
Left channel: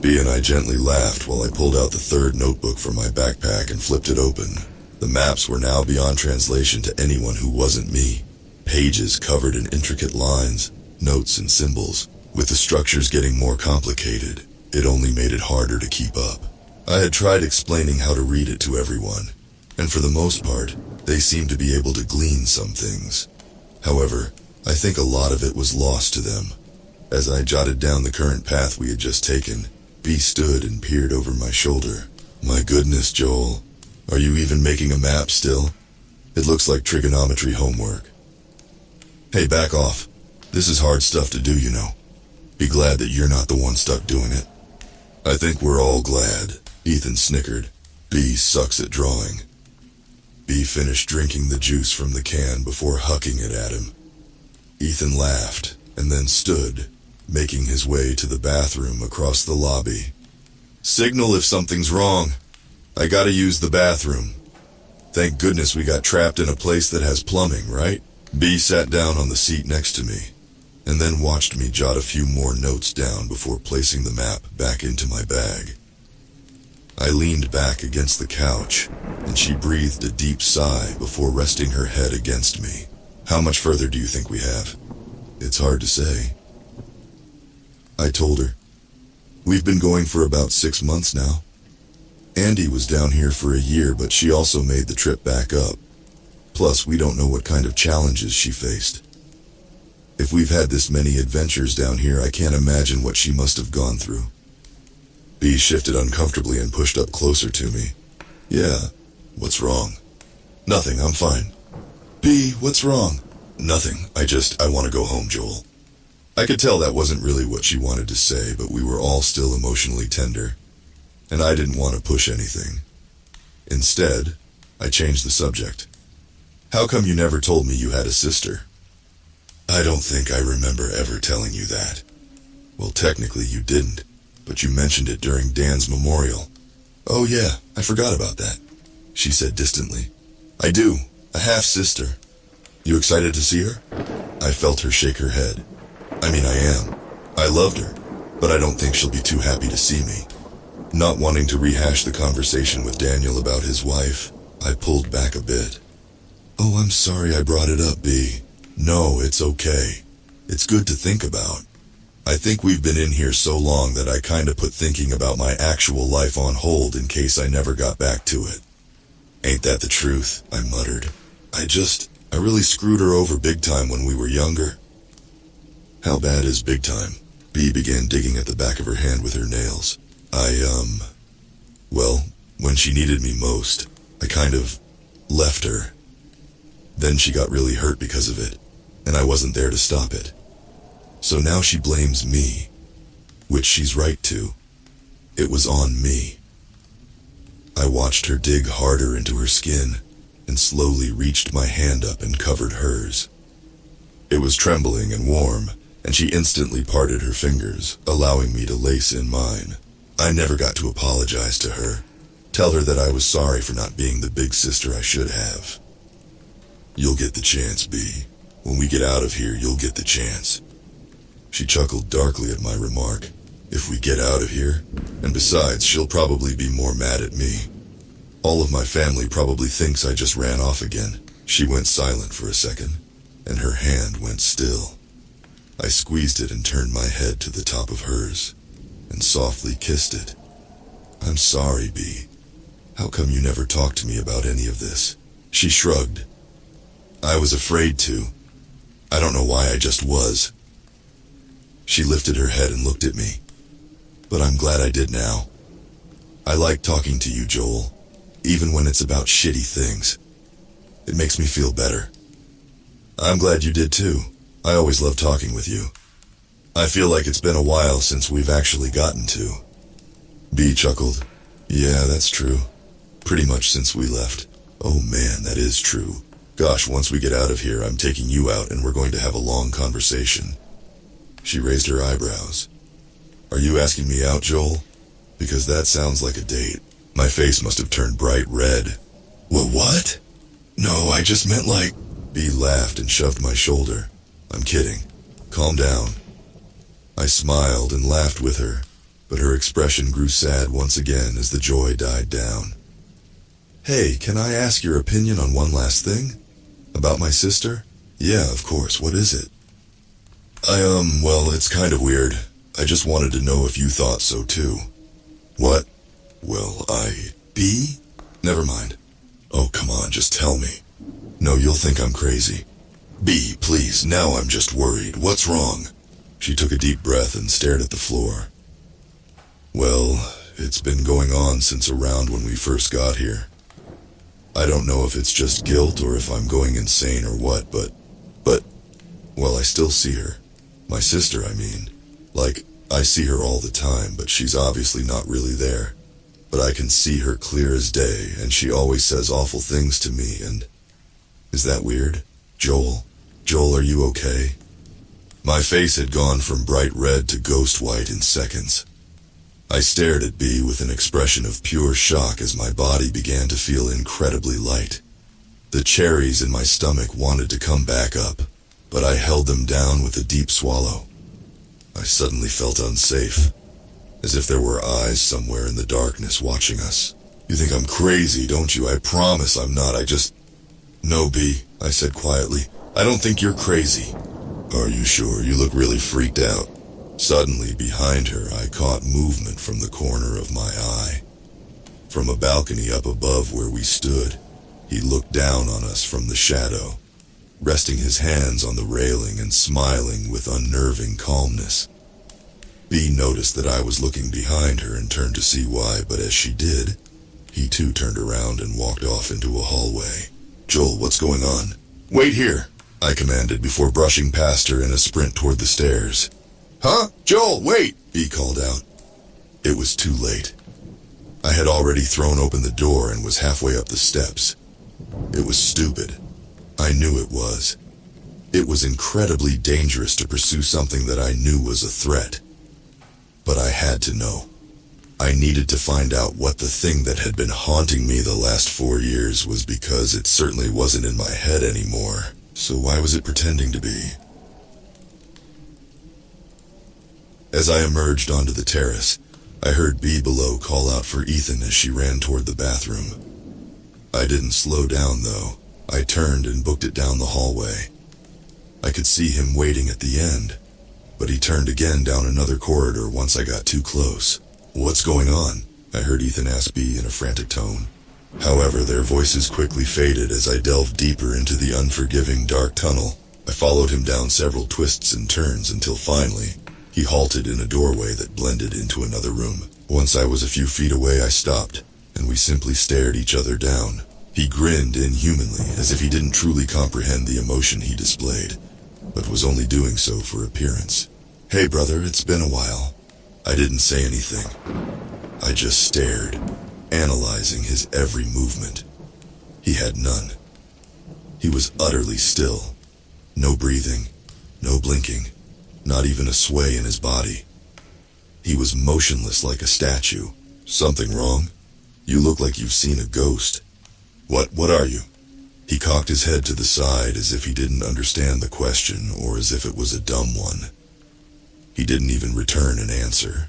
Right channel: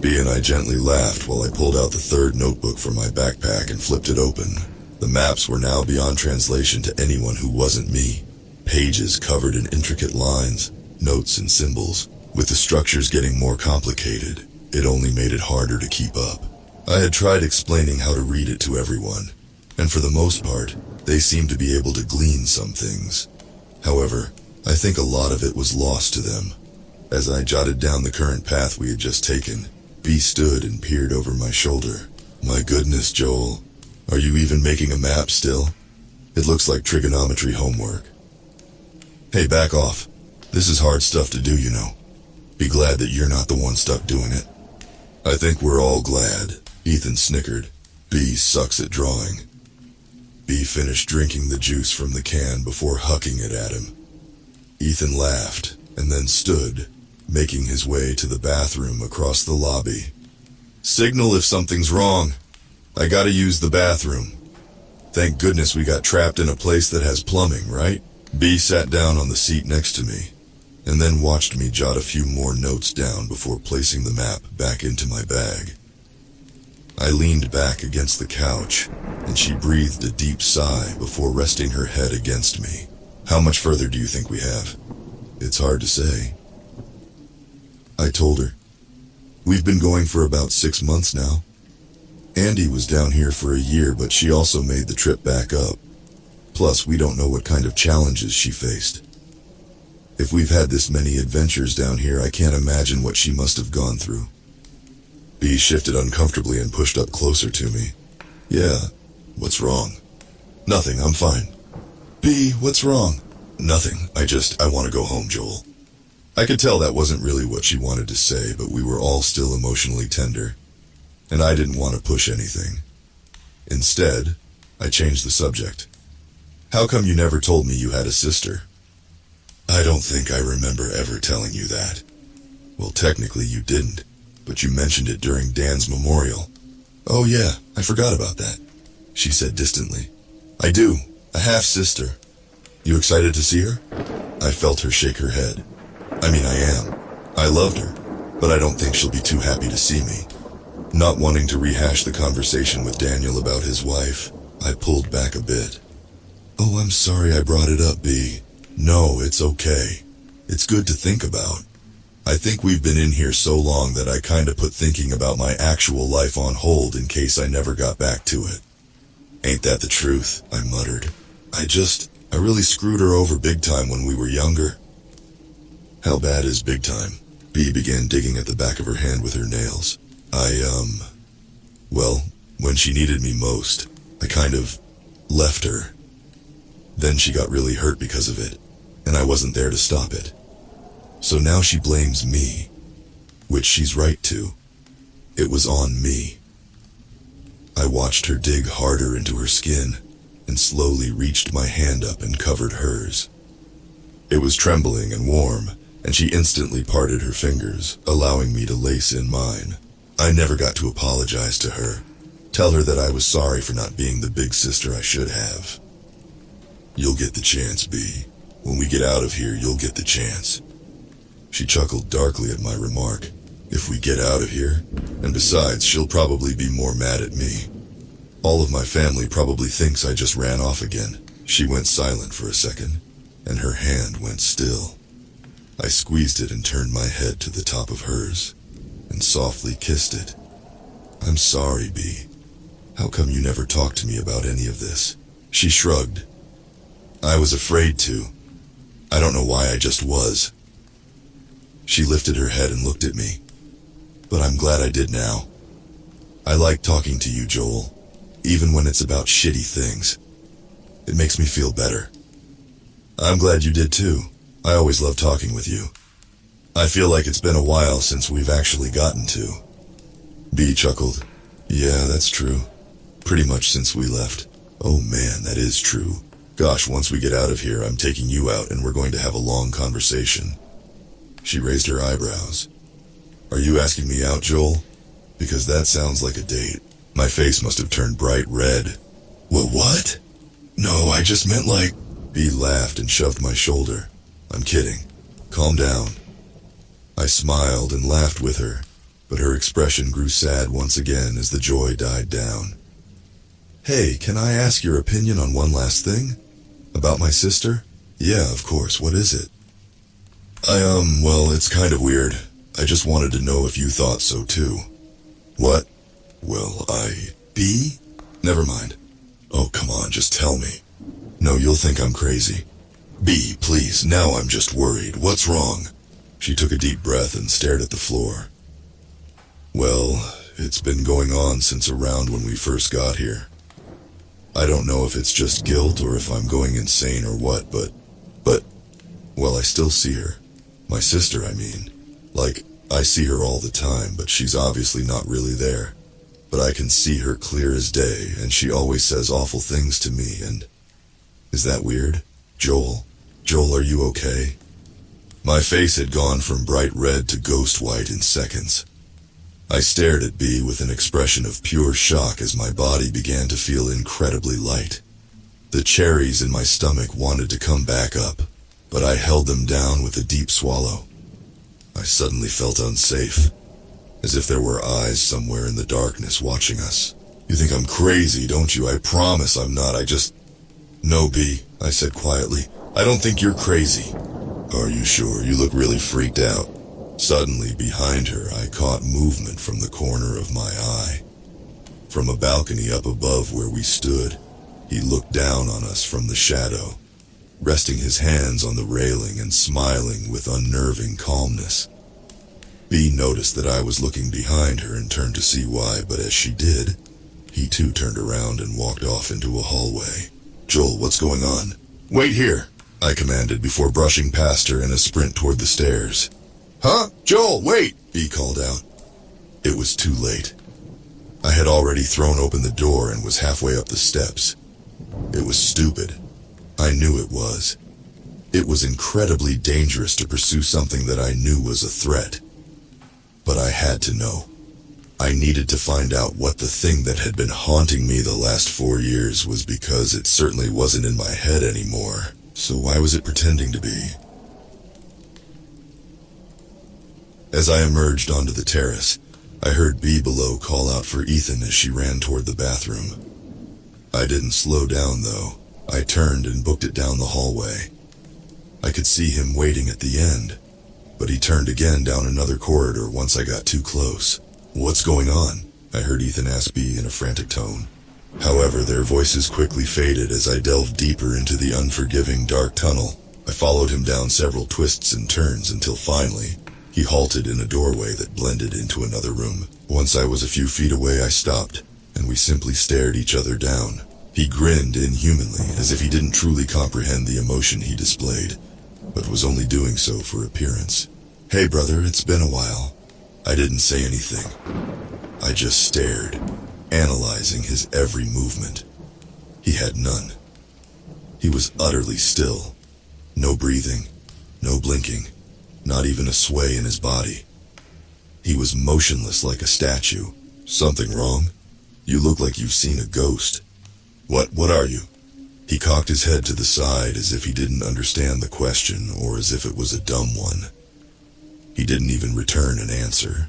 Bea and I gently laughed while I pulled out the third notebook from my backpack and flipped it open. The maps were now beyond translation to anyone who wasn't me. Pages covered in intricate lines, notes and symbols. With the structures getting more complicated, it only made it harder to keep up. I had tried explaining how to read it to everyone, and for the most part, they seemed to be able to glean some things. However, I think a lot of it was lost to them. As I jotted down the current path we had just taken, Bea stood and peered over my shoulder. "My goodness, Joel, are you even making a map still? It looks like trigonometry homework." "Hey, back off. This is hard stuff to do, you know. Be glad that you're not the one stuck doing it." "I think we're all glad," Ethan snickered. "Bea sucks at drawing." Bea finished drinking the juice from the can before hucking it at him. Ethan laughed, and then stood, making his way to the bathroom across the lobby. "Signal if something's wrong. I gotta use the bathroom. Thank goodness we got trapped in a place that has plumbing, right?" Bea sat down on the seat next to me, and then watched me jot a few more notes down before placing the map back into my bag. I leaned back against the couch, and she breathed a deep sigh before resting her head against me. "How much further do you think we have?" "It's hard to say." I told her. "We've been going for about 6 months now." Andy was down here for a year, but she also made the trip back up. Plus, we don't know what kind of challenges she faced. If we've had this many adventures down here, I can't imagine what she must have gone through. B shifted uncomfortably and pushed up closer to me. Yeah, what's wrong? Nothing, I'm fine. B, what's wrong? Nothing, I want to go home, Joel. I could tell that wasn't really what she wanted to say, but we were all still emotionally tender, and I didn't want to push anything. Instead, I changed the subject. How come you never told me you had a sister? I don't think I remember ever telling you that. Well, technically you didn't, but you mentioned it during Dan's memorial. Oh yeah, I forgot about that, she said distantly. I do, a half-sister. You excited to see her? I felt her shake her head. I mean, I am. I loved her, but I don't think she'll be too happy to see me. Not wanting to rehash the conversation with Daniel about his wife, I pulled back a bit. Oh, I'm sorry I brought it up, B. No, it's okay. It's good to think about. I think we've been in here so long that I kinda put thinking about my actual life on hold in case I never got back to it. Ain't that the truth? I muttered. I really screwed her over big time when we were younger. How bad is big time? B began digging at the back of her hand with her nails. Well, when she needed me most, I kind of left her. Then she got really hurt because of it, and I wasn't there to stop it. So now she blames me, which she's right to. It was on me. I watched her dig harder into her skin, and slowly reached my hand up and covered hers. It was trembling and warm, and she instantly parted her fingers, allowing me to lace in mine. I never got to apologize to her, tell her that I was sorry for not being the big sister I should have. You'll get the chance, B. When we get out of here, you'll get the chance. She chuckled darkly at my remark. If we get out of here, and besides, she'll probably be more mad at me. All of my family probably thinks I just ran off again. She went silent for a second, and her hand went still. I squeezed it and turned my head to the top of hers, and softly kissed it. I'm sorry, B. How come you never talked to me about any of this? She shrugged. I was afraid to. I don't know why, I just was. She lifted her head and looked at me. But I'm glad I did now. I like talking to you, Joel, even when it's about shitty things. It makes me feel better. I'm glad you did too. I always love talking with you. I feel like it's been a while since we've actually gotten to. B chuckled. Yeah, that's true. Pretty much since we left. Oh man, that is true. Gosh, once we get out of here, I'm taking you out and we're going to have a long conversation. She raised her eyebrows. Are you asking me out, Joel? Because that sounds like a date. My face must have turned bright red. What? No, I just meant like... B laughed and shoved my shoulder. I'm kidding. Calm down. I smiled and laughed with her, but her expression grew sad once again as the joy died down. Hey, can I ask your opinion on one last thing? About my sister? Yeah, of course. What is it? Well, it's kind of weird. I just wanted to know if you thought so too. What? Well, B? Never mind. Oh, come on, just tell me. No, you'll think I'm crazy. B, please, now I'm just worried. What's wrong? She took a deep breath and stared at the floor. Well, it's been going on since around when we first got here. I don't know if it's just guilt or if I'm going insane or what, but, well, I still see her. My sister, I mean. Like, I see her all the time, but she's obviously not really there. But I can see her clear as day, and she always says awful things to me, and... Is that weird? Joel? Joel, are you okay? My face had gone from bright red to ghost white in seconds. I stared at B with an expression of pure shock as my body began to feel incredibly light. The cherries in my stomach wanted to come back up, but I held them down with a deep swallow. I suddenly felt unsafe, as if there were eyes somewhere in the darkness watching us. You think I'm crazy, don't you? I promise I'm not. No, B, I said quietly. I don't think you're crazy. Are you sure? You look really freaked out. Suddenly, behind her, I caught movement from the corner of my eye. From a balcony up above where we stood, he looked down on us from the shadow, resting his hands on the railing and smiling with unnerving calmness. Bea noticed that I was looking behind her and turned to see why, but as she did, he too turned around and walked off into a hallway. "Joel, what's going on?" "Wait here," I commanded before brushing past her in a sprint toward the stairs. "Huh? Joel, wait!" Bea called out. It was too late. I had already thrown open the door and was halfway up the steps. It was stupid. I knew it was. It was incredibly dangerous to pursue something that I knew was a threat. But I had to know. I needed to find out what the thing that had been haunting me the last 4 years was, because it certainly wasn't in my head anymore. So why was it pretending to be? As I emerged onto the terrace, I heard Bea below call out for Ethan as she ran toward the bathroom. I didn't slow down though. I turned and booked it down the hallway. I could see him waiting at the end, but he turned again down another corridor once I got too close. "What's going on?" I heard Ethan ask Bea in a frantic tone. However, their voices quickly faded as I delved deeper into the unforgiving dark tunnel. I followed him down several twists and turns until finally, he halted in a doorway that blended into another room. Once I was a few feet away, I stopped, and we simply stared each other down. He grinned inhumanly, as if he didn't truly comprehend the emotion he displayed, but was only doing so for appearance. "Hey brother, it's been a while." I didn't say anything. I just stared, analyzing his every movement. He had none. He was utterly still. No breathing, no blinking, not even a sway in his body. He was motionless like a statue. "Something wrong? You look like you've seen a ghost." What are you?" He cocked his head to the side as if he didn't understand the question, or as if it was a dumb one. He didn't even return an answer.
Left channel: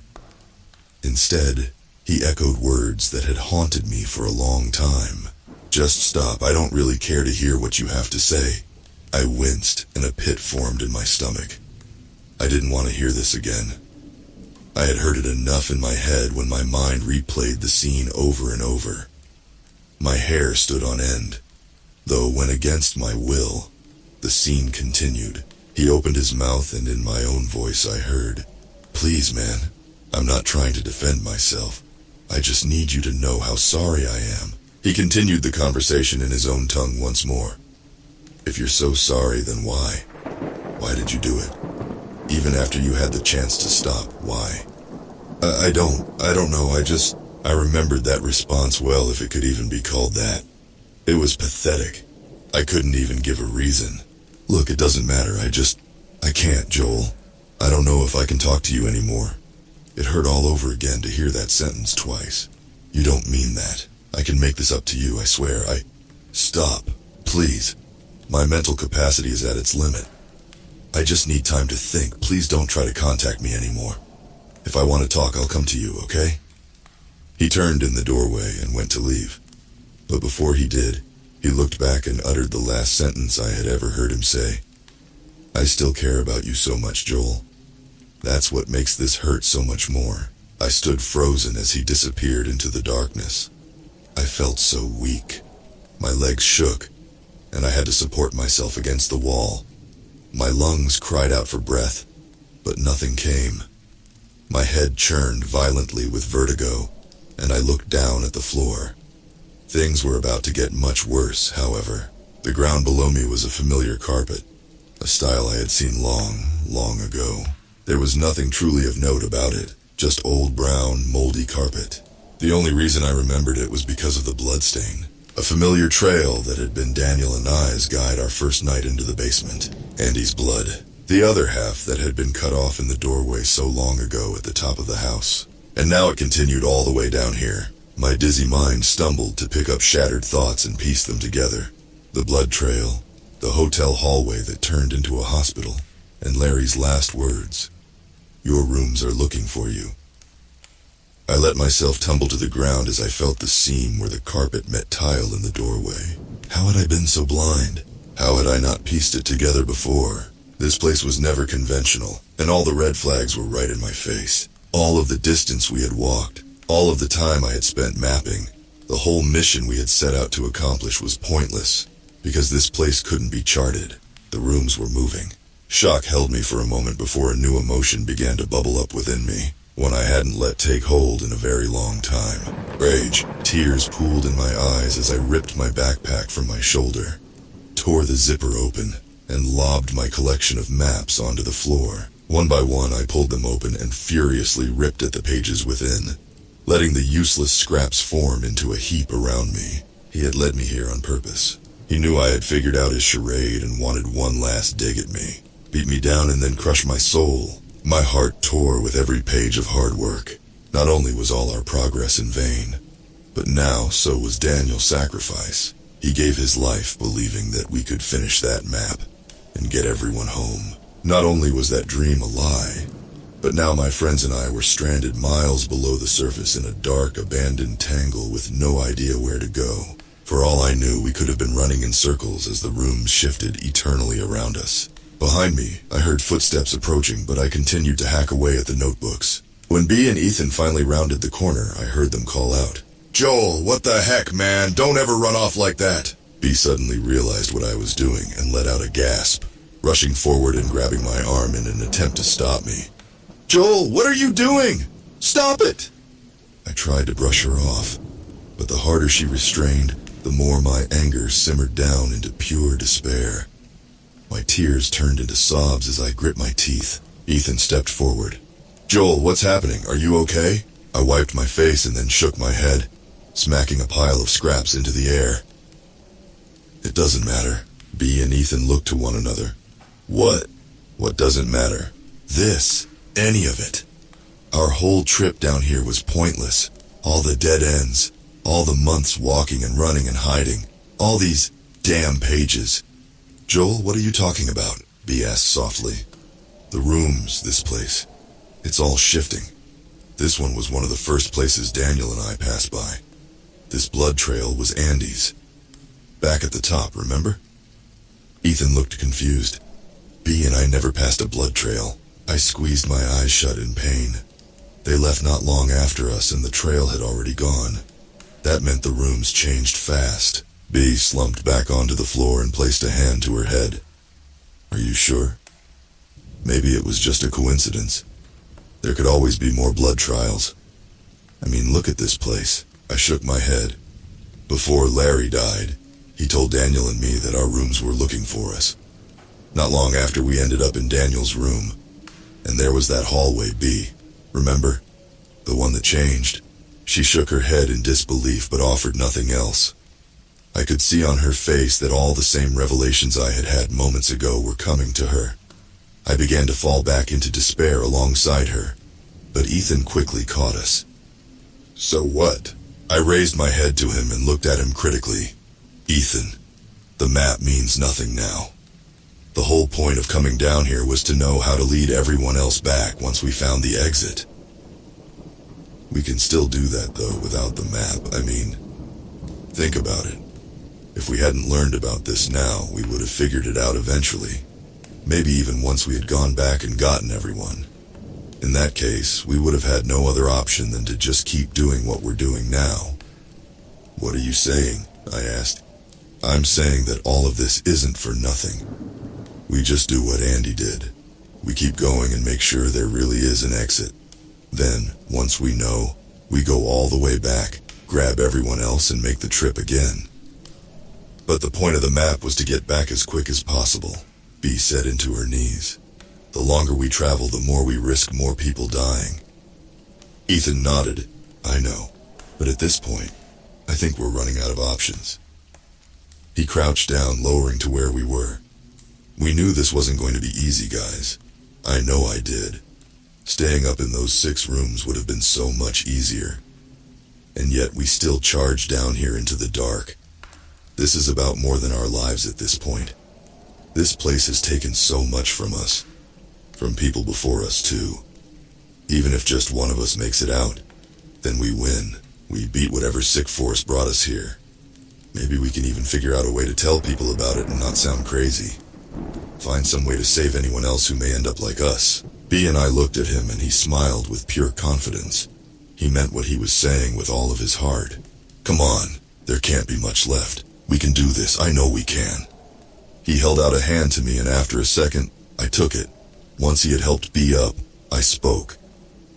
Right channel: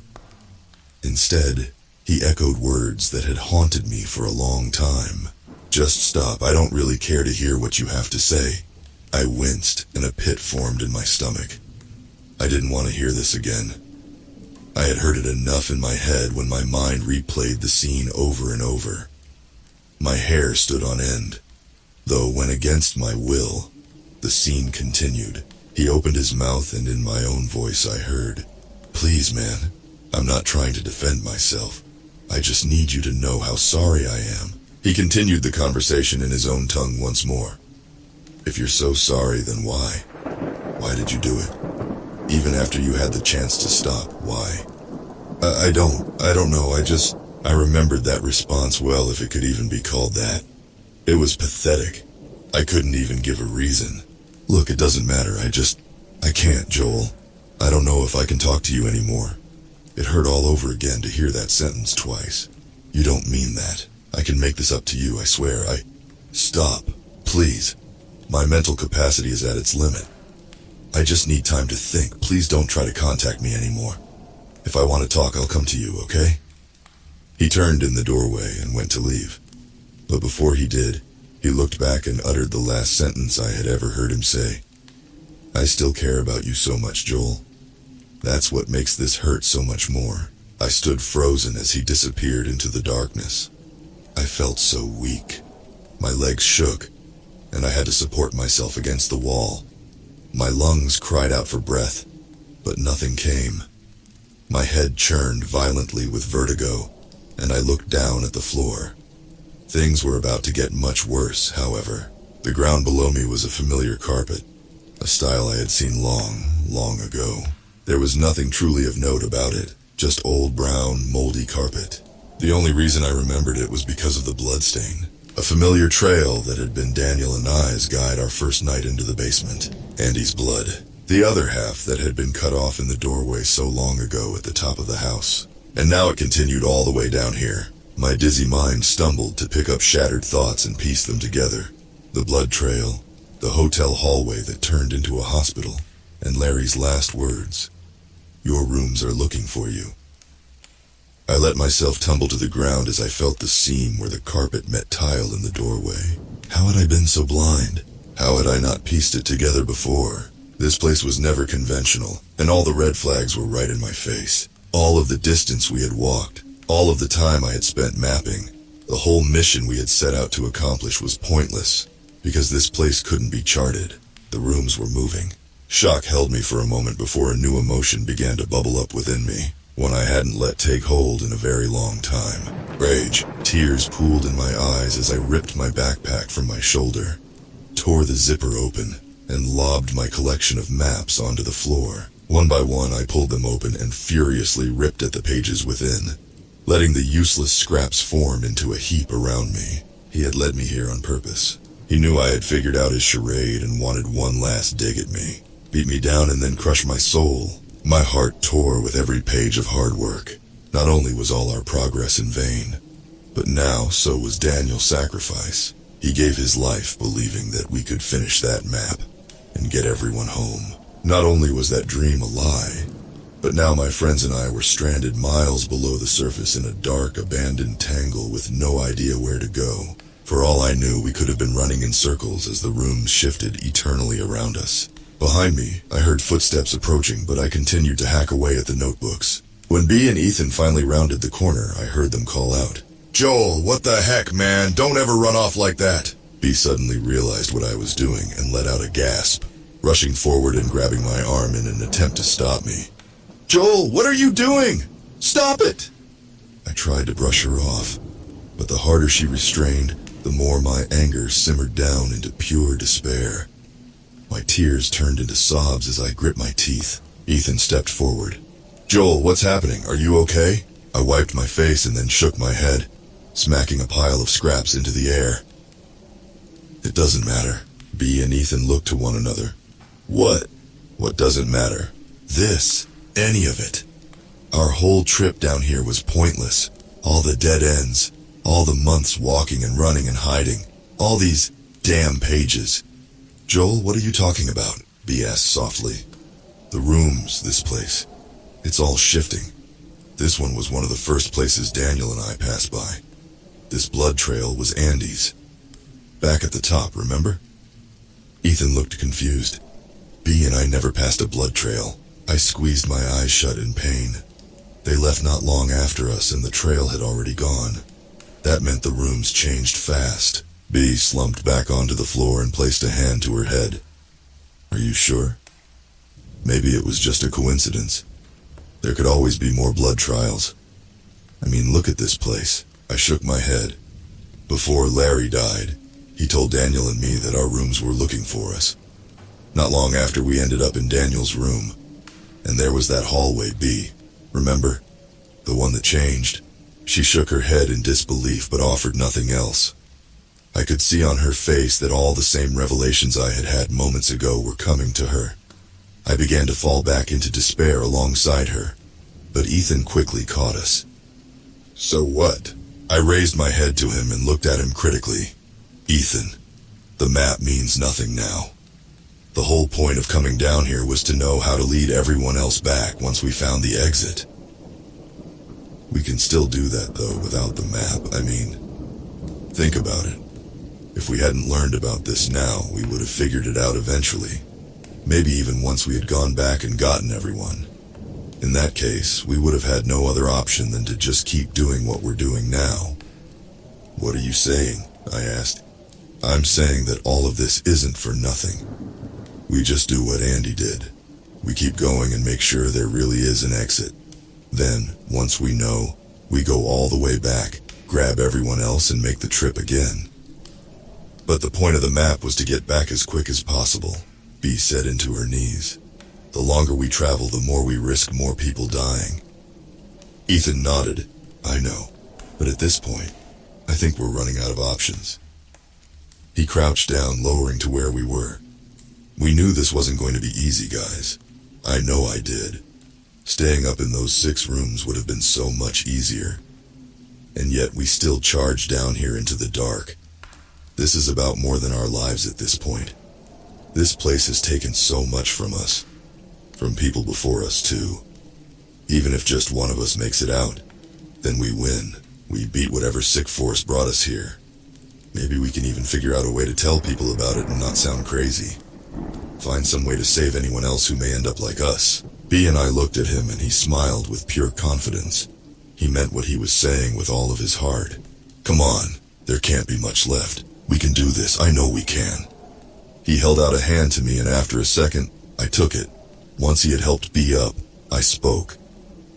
Instead, he echoed words that had haunted me for a long time. "Just stop, I don't really care to hear what you have to say." I winced, and a pit formed in my stomach. I didn't want to hear this again. I had heard it enough in my head when my mind replayed the scene over and over. My hair stood on end, though when against my will, the scene continued. He opened his mouth, and in my own voice I heard, "Please, man, I'm not trying to defend myself. I just need you to know how sorry I am." He continued the conversation in his own tongue once more. "If you're so sorry, then why? Why did you do it? Even after you had the chance to stop, why?" I don't know, I remembered that response well, if it could even be called that. It was pathetic. I couldn't even give a reason. "Look, it doesn't matter, I can't, Joel. I don't know if I can talk to you anymore." It hurt all over again to hear that sentence twice. "You don't mean that. I can make this up to you, I swear. Stop, please. My mental capacity is at its limit. I just need time to think. Please don't try to contact me anymore. If I want to talk, I'll come to you, okay?" He turned in the doorway and went to leave. But before he did, he looked back and uttered the last sentence I had ever heard him say. "I still care about you so much, Joel. That's what makes this hurt so much more." I stood frozen as he disappeared into the darkness. I felt so weak. My legs shook, and I had to support myself against the wall. My lungs cried out for breath, but nothing came. My head churned violently with vertigo, and I looked down at the floor. Things were about to get much worse, however. The ground below me was a familiar carpet, a style I had seen long, long ago. There was nothing truly of note about it, just old brown, moldy carpet. The only reason I remembered it was because of the bloodstain, a familiar trail that had been Daniel and I's guide our first night into the basement. Andy's blood, the other half that had been cut off in the doorway so long ago at the top of the house. And now it continued all the way down here. My dizzy mind stumbled to pick up shattered thoughts and piece them together. The blood trail, the hotel hallway that turned into a hospital, and Larry's last words, "Your rooms are looking for you." I let myself tumble to the ground as I felt the seam where the carpet met tile in the doorway. How had I been so blind? How had I not pieced it together before? This place was never conventional, and all the red flags were right in my face. All of the distance we had walked, all of the time I had spent mapping, The whole mission we had set out to accomplish was pointless, because this place couldn't be charted. The rooms were moving. Shock held me for a moment before a new emotion began to bubble up within me, one I hadn't let take hold in a very long time. Rage. Tears pooled in my eyes as I ripped my backpack from my shoulder, tore the zipper open, and lobbed my collection of maps onto the floor. One by one, I pulled them open and furiously ripped at the pages within, letting the useless scraps form into a heap around me. He had led me here on purpose. He knew I had figured out his charade and wanted one last dig at me. Beat me down and then crush my soul. My heart tore with every page of hard work. Not only was all our progress in vain, but now so was Daniel's sacrifice. He gave his life believing that we could finish that map and get everyone home. Not only was that dream a lie, but now my friends and I were stranded miles below the surface in a dark, abandoned tangle with no idea where to go. For all I knew, we could have been running in circles as the rooms shifted eternally around us. Behind me, I heard footsteps approaching, but I continued to hack away at the notebooks. When Bea and Ethan finally rounded the corner, I heard them call out, "Joel, what the heck, man? Don't ever run off like that!" Bea suddenly realized what I was doing and let out a gasp, rushing forward and grabbing my arm in an attempt to stop me. "Joel, what are you doing? Stop it!" I tried to brush her off, but the harder she restrained, the more my anger simmered down into pure despair. My tears turned into sobs as I gripped my teeth. Ethan stepped forward. "Joel, what's happening? Are you okay?" I wiped my face and then shook my head, smacking a pile of scraps into the air. "It doesn't matter." Bea and Ethan looked to one another. "What? What doesn't matter?" "This. Any of it. Our whole trip down here was pointless. All the dead ends. All the months walking and running and hiding. All these damn pages." "Joel, what are you talking about?" Bea asked softly. "The rooms, this place. It's all shifting. This one was one of the first places Daniel and I passed by. This blood trail was Andy's. Back at the top, remember?" Ethan looked confused. "Bea and I never passed a blood trail." I squeezed my eyes shut in pain. They left not long after us and the trail had already gone. That meant the rooms changed fast. Bea slumped back onto the floor and placed a hand to her head. "Are you sure? Maybe it was just a coincidence. There could always be more blood trials. I mean, look at this place." I shook my head. "Before Larry died, he told Daniel and me that our rooms were looking for us. Not long after, we ended up in Daniel's room. And there was that hallway, Bea. Remember? The one that changed." She shook her head in disbelief but offered nothing else. I could see on her face that all the same revelations I had had moments ago were coming to her. I began to fall back into despair alongside her, but Ethan quickly caught us. "So what?" I raised my head to him and looked at him critically. "Ethan, the map means nothing now. The whole point of coming down here was to know how to lead everyone else back once we found the exit. We can still do that, though, without the map. I mean, think about it. If we hadn't learned about this now, we would have figured it out eventually. Maybe even once we had gone back and gotten everyone. In that case, we would have had no other option than to just keep doing what we're doing now." "What are you saying?" I asked. "I'm saying that all of this isn't for nothing. We just do what Andy did. We keep going and make sure there really is an exit. Then, once we know, we go all the way back, grab everyone else and make the trip again." "But the point of the map was to get back as quick as possible," Bea said into her knees. "The longer we travel, the more we risk more people dying." Ethan nodded. "I know, but at this point, I think we're running out of options." He crouched down, lowering to where we were. "We knew this wasn't going to be easy, guys. I know I did. Staying up in those 6 rooms would have been so much easier. And yet we still charged down here into the dark. This is about more than our lives at this point. This place has taken so much from us. From people before us, too. Even if just one of us makes it out, then we win. We beat whatever sick force brought us here. Maybe we can even figure out a way to tell people about it and not sound crazy. Find some way to save anyone else who may end up like us." Bea and I looked at him and he smiled with pure confidence. He meant what he was saying with all of his heart. Come on, there can't be much left. We can do this, I know we can. He held out a hand to me, and after a second, I took it. Once he had helped B up, I spoke.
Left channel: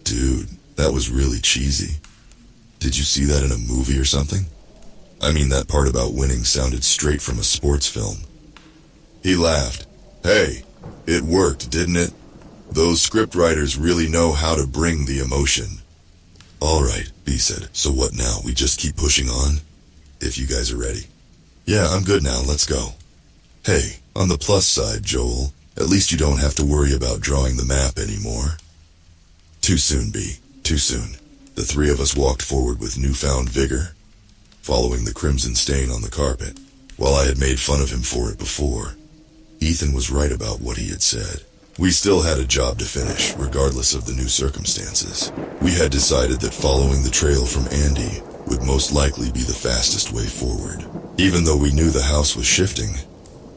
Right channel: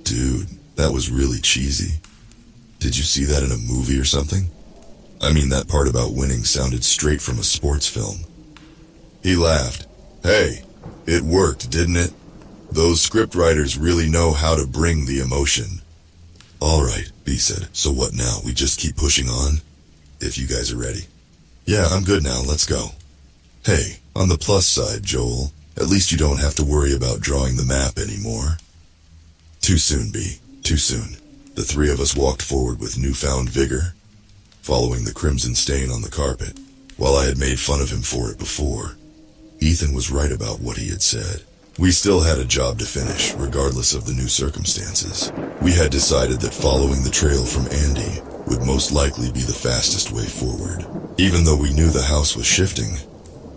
Dude, that was really cheesy. Did you see that in a movie or something? I mean, that part about winning sounded straight from a sports film. He laughed. Hey, it worked, didn't it? Those scriptwriters really know how to bring the emotion. All right, B said. So what now? We just keep pushing on? If you guys are ready. Yeah, I'm good now. Let's go. Hey, on the plus side, Joel, at least you don't have to worry about drawing the map anymore. Too soon, B. Too soon. The three of us walked forward with newfound vigor, following the crimson stain on the carpet. While I had made fun of him for it before, Ethan was right about what he had said. We still had a job to finish, regardless of the new circumstances. We had decided that following the trail from Andy would most likely be the fastest way forward. Even though we knew the house was shifting,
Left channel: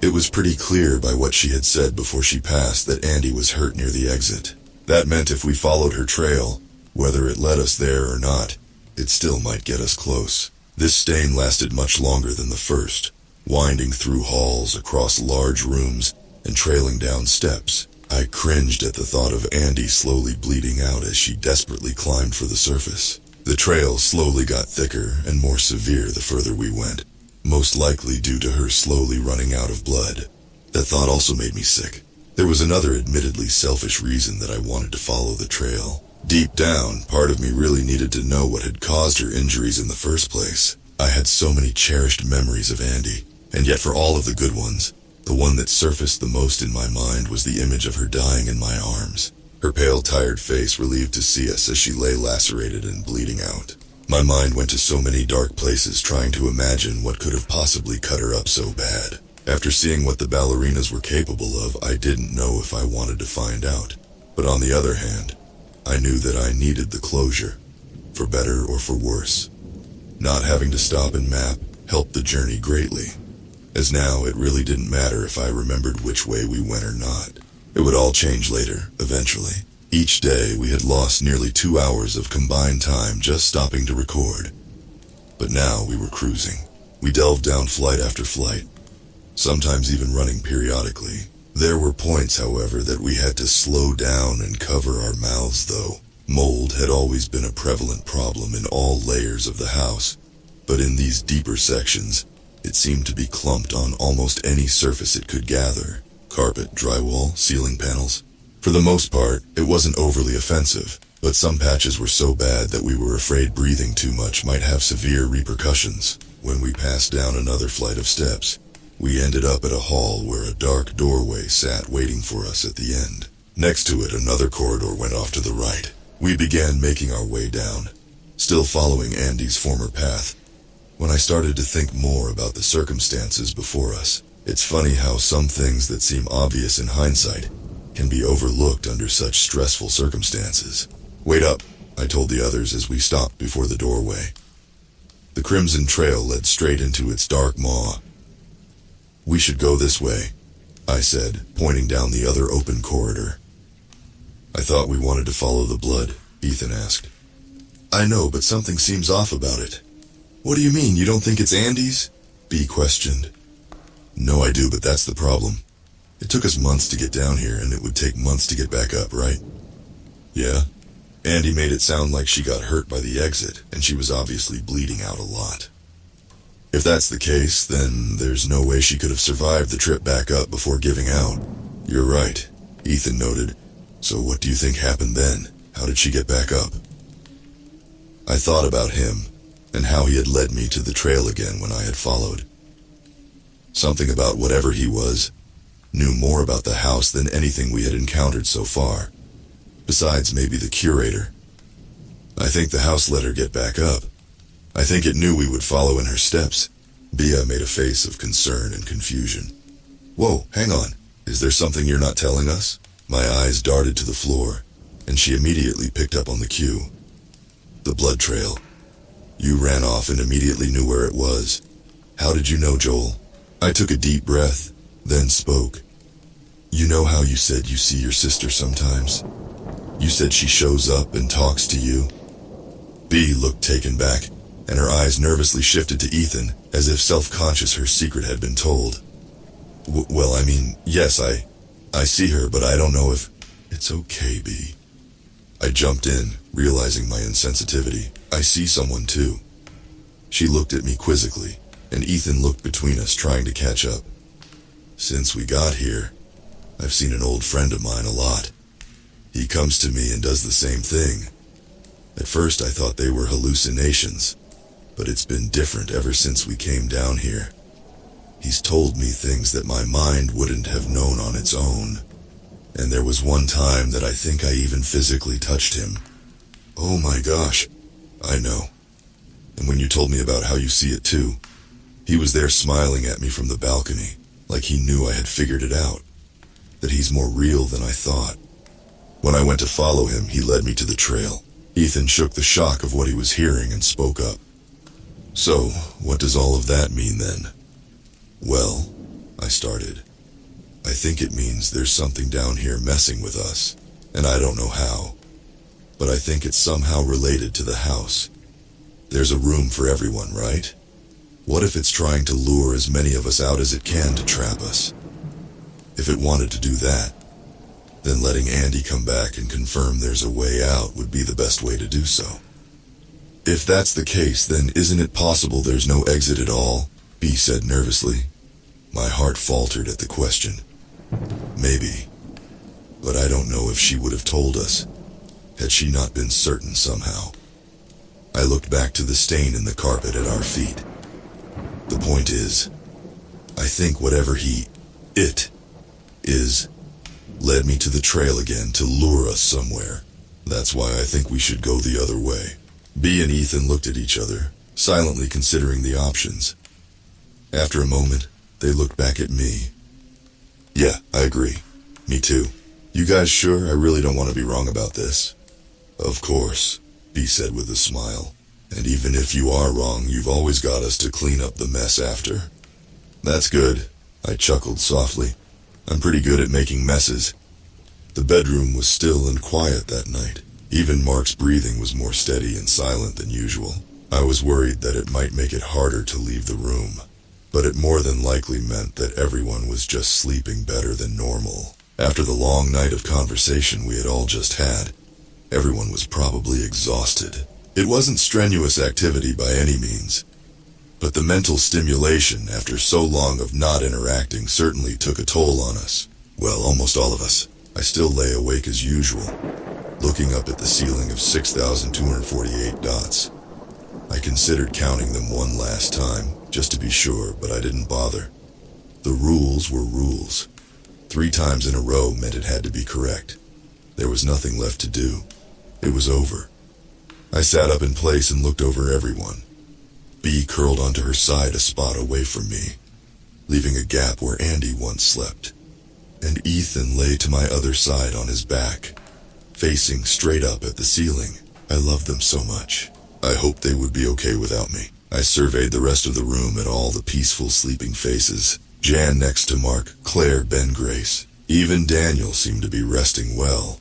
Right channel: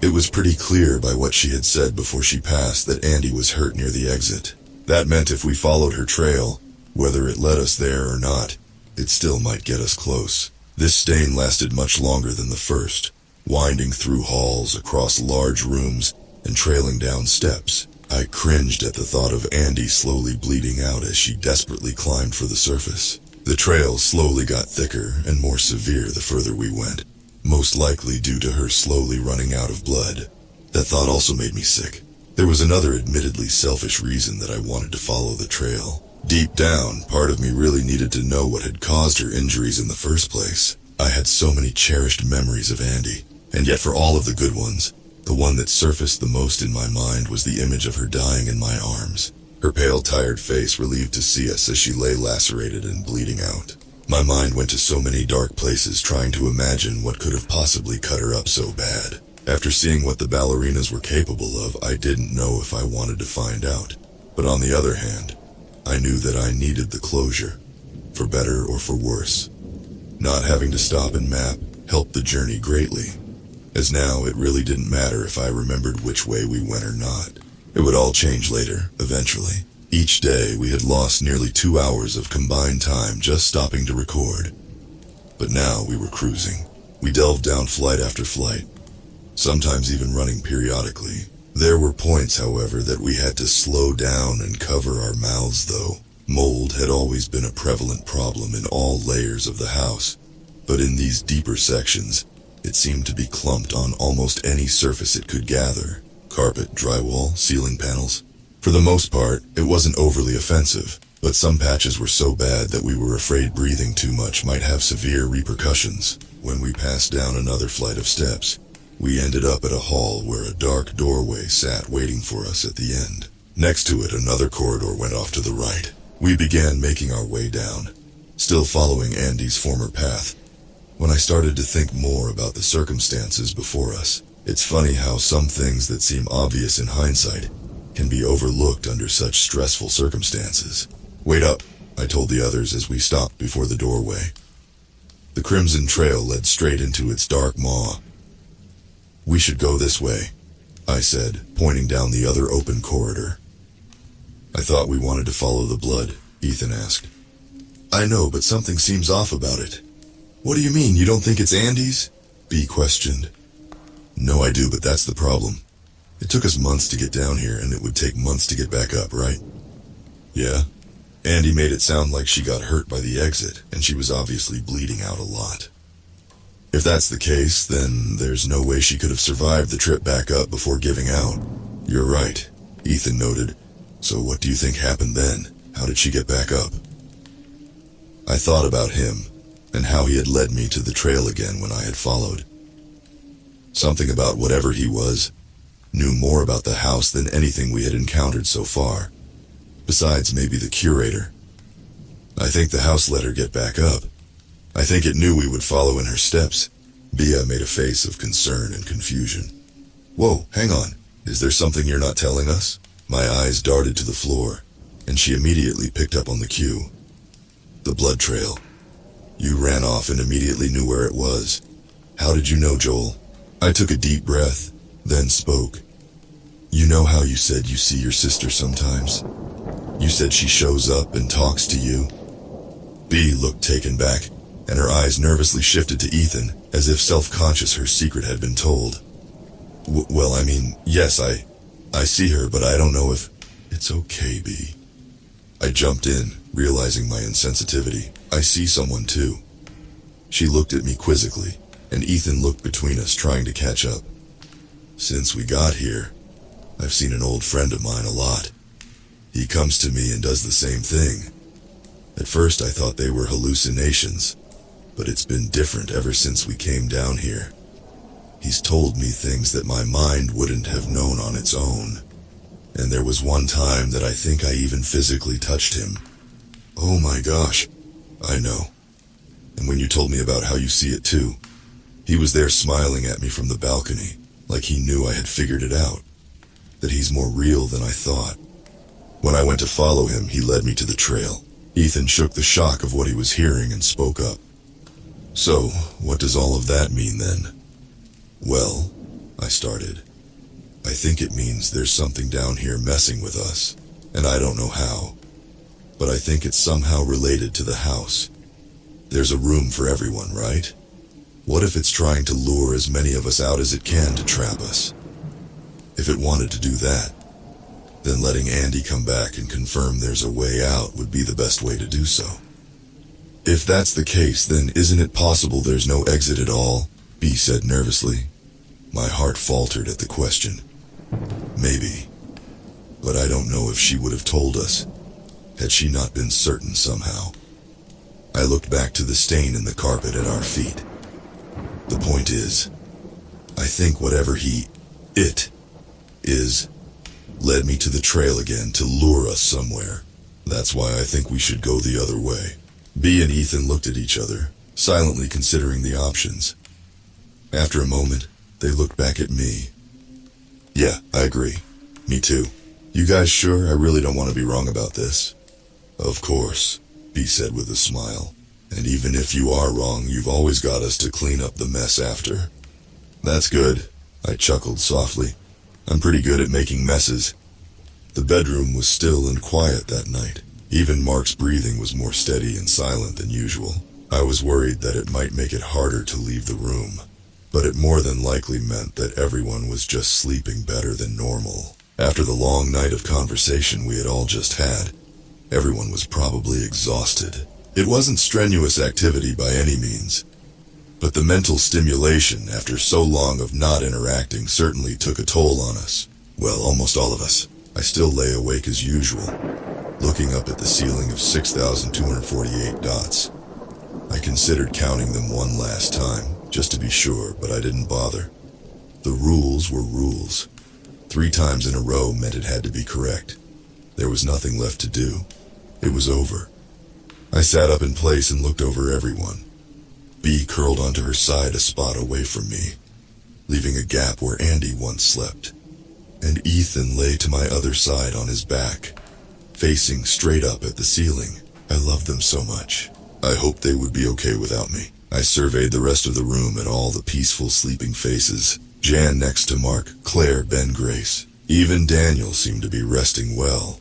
it was pretty clear by what she had said before she passed that Andy was hurt near the exit. That meant if we followed her trail, whether it led us there or not, it still might get us close. This stain lasted much longer than the first, winding through halls, across large rooms, and trailing down steps. I cringed at the thought of Andy slowly bleeding out as she desperately climbed for the surface. The trail slowly got thicker and more severe the further we went, most likely due to her slowly running out of blood. That thought also made me sick. There was another admittedly selfish reason that I wanted to follow the trail. Deep down, part of me really needed to know what had caused her injuries in the first place. I had so many cherished memories of Andy, and yet for all of the good ones, the one that surfaced the most in my mind was the image of her dying in my arms. Her pale, tired face relieved to see us as she lay lacerated and bleeding out. My mind went to so many dark places trying to imagine what could have possibly cut her up so bad. After seeing what the ballerinas were capable of, I didn't know if I wanted to find out. But on the other hand, I knew that I needed the closure, for better or for worse. Not having to stop and map helped the journey greatly, as now it really didn't matter if I remembered which way we went or not. It would all change later, eventually. Each day we had lost nearly 2 hours of combined time just stopping to record. But now we were cruising. We delved down flight after flight, sometimes even running periodically. There were points, however, that we had to slow down and cover our mouths though. Mold had always been a prevalent problem in all layers of the house, but in these deeper sections, it seemed to be clumped on almost any surface it could gather. Carpet, drywall, ceiling panels. For the most part, it wasn't overly offensive, but some patches were so bad that we were afraid breathing too much might have severe repercussions. When we passed down another flight of steps, we ended up at a hall where a dark doorway sat waiting for us at the end. Next to it, another corridor went off to the right. We began making our way down, still following Andy's former path. When I started to think more about the circumstances before us, it's funny how some things that seem obvious in hindsight can be overlooked under such stressful circumstances. Wait up, I told the others as we stopped before the doorway. The crimson trail led straight into its dark maw. We should go this way, I said, pointing down the other open corridor. I thought we wanted to follow the blood, Ethan asked. I know, but something seems off about it. What do you mean, you don't think it's Andy's? B questioned. No, I do, but that's the problem. It took us months to get down here, and it would take months to get back up, right? Yeah. Andy made it sound like she got hurt by the exit, and she was obviously bleeding out a lot. If that's the case, then there's no way she could have survived the trip back up before giving out. You're right, Ethan noted. So what do you think happened then? How did she get back up? I thought about him, and how he had led me to the trail again when I had followed. Something about whatever he was, knew more about the house than anything we had encountered so far. Besides maybe the curator. I think the house let her get back up. I think it knew we would follow in her steps. Bia made a face of concern and confusion. Whoa, hang on. Is there something you're not telling us? My eyes darted to the floor, and she immediately picked up on the cue. The blood trail. You ran off and immediately knew where it was. How did you know, Joel? I took a deep breath, then spoke. You know how you said you see your sister sometimes? You said she shows up and talks to you? B looked taken back. and her eyes nervously shifted to Ethan, as if self-conscious her secret had been told. Well, I mean, yes, I see her, but I don't know if... It's okay, B. I jumped in, realizing my insensitivity. I see someone too. She looked at me quizzically, and Ethan looked between us, trying to catch up. Since we got here, I've seen an old friend of mine a lot. He comes to me and does the same thing. At first I thought they were hallucinations, but it's been different ever since we came down here. He's told me things that my mind wouldn't have known on its own. And there was one time that I think I even physically touched him. Oh my gosh, I know. And when you told me about how you see it too, he was there smiling at me from the balcony, like he knew I had figured it out, that he's more real than I thought. When I went to follow him, he led me to the trail. Ethan shook the shock of what he was hearing and spoke up. So, what does all of that mean then? Well, I started. I think it means there's something down here messing with us, and I don't know how. But I think it's somehow related to the house. There's a room for everyone, right? What if it's trying to lure as many of us out as it can to trap us? If it wanted to do that, then letting Andy come back and confirm there's a way out would be the best way to do so. If that's the case, then isn't it possible there's no exit at all? B said nervously. My heart faltered at the question. Maybe. But I don't know if she would have told us, had she not been certain somehow. I looked back to the stain in the carpet at our feet. The point is, I think whatever it is, led me to the trail again to lure us somewhere. That's why I think we should go the other way. B and Ethan looked at each other, silently considering the options. After a moment, they looked back at me. Yeah, I agree. Me too. You guys sure? I really don't want to be wrong about this. Of course, B said with a smile. And even if you are wrong, you've always got us to clean up the mess after. That's good, I chuckled softly. I'm pretty good at making messes. The bedroom was still and quiet that night. Even Mark's breathing was more steady and silent than usual. I was worried that it might make it harder to leave the room, but it more than likely meant that everyone was just sleeping better than normal. After the long night of conversation we had all just had, everyone was probably exhausted. It wasn't strenuous activity by any means, but the mental stimulation after so long of not interacting certainly took a toll on us. Well, almost all of us. I still lay awake as usual, looking up at the ceiling of 6,248 dots. I considered counting them one last time, just to be sure, but I didn't bother. The rules were rules. 3 times in a row meant it had to be correct. There was nothing left to do. It was over. I sat up in place and looked over everyone. B curled onto her side a spot away from me, leaving a gap where Andy once slept. And Ethan lay to my other side on his back, facing straight up at the ceiling. I loved them so much. I hoped they would be okay without me. I surveyed the rest of the room at all the peaceful sleeping faces. Jan next to Mark, Claire, Ben, Grace. Even Daniel seemed to be resting well,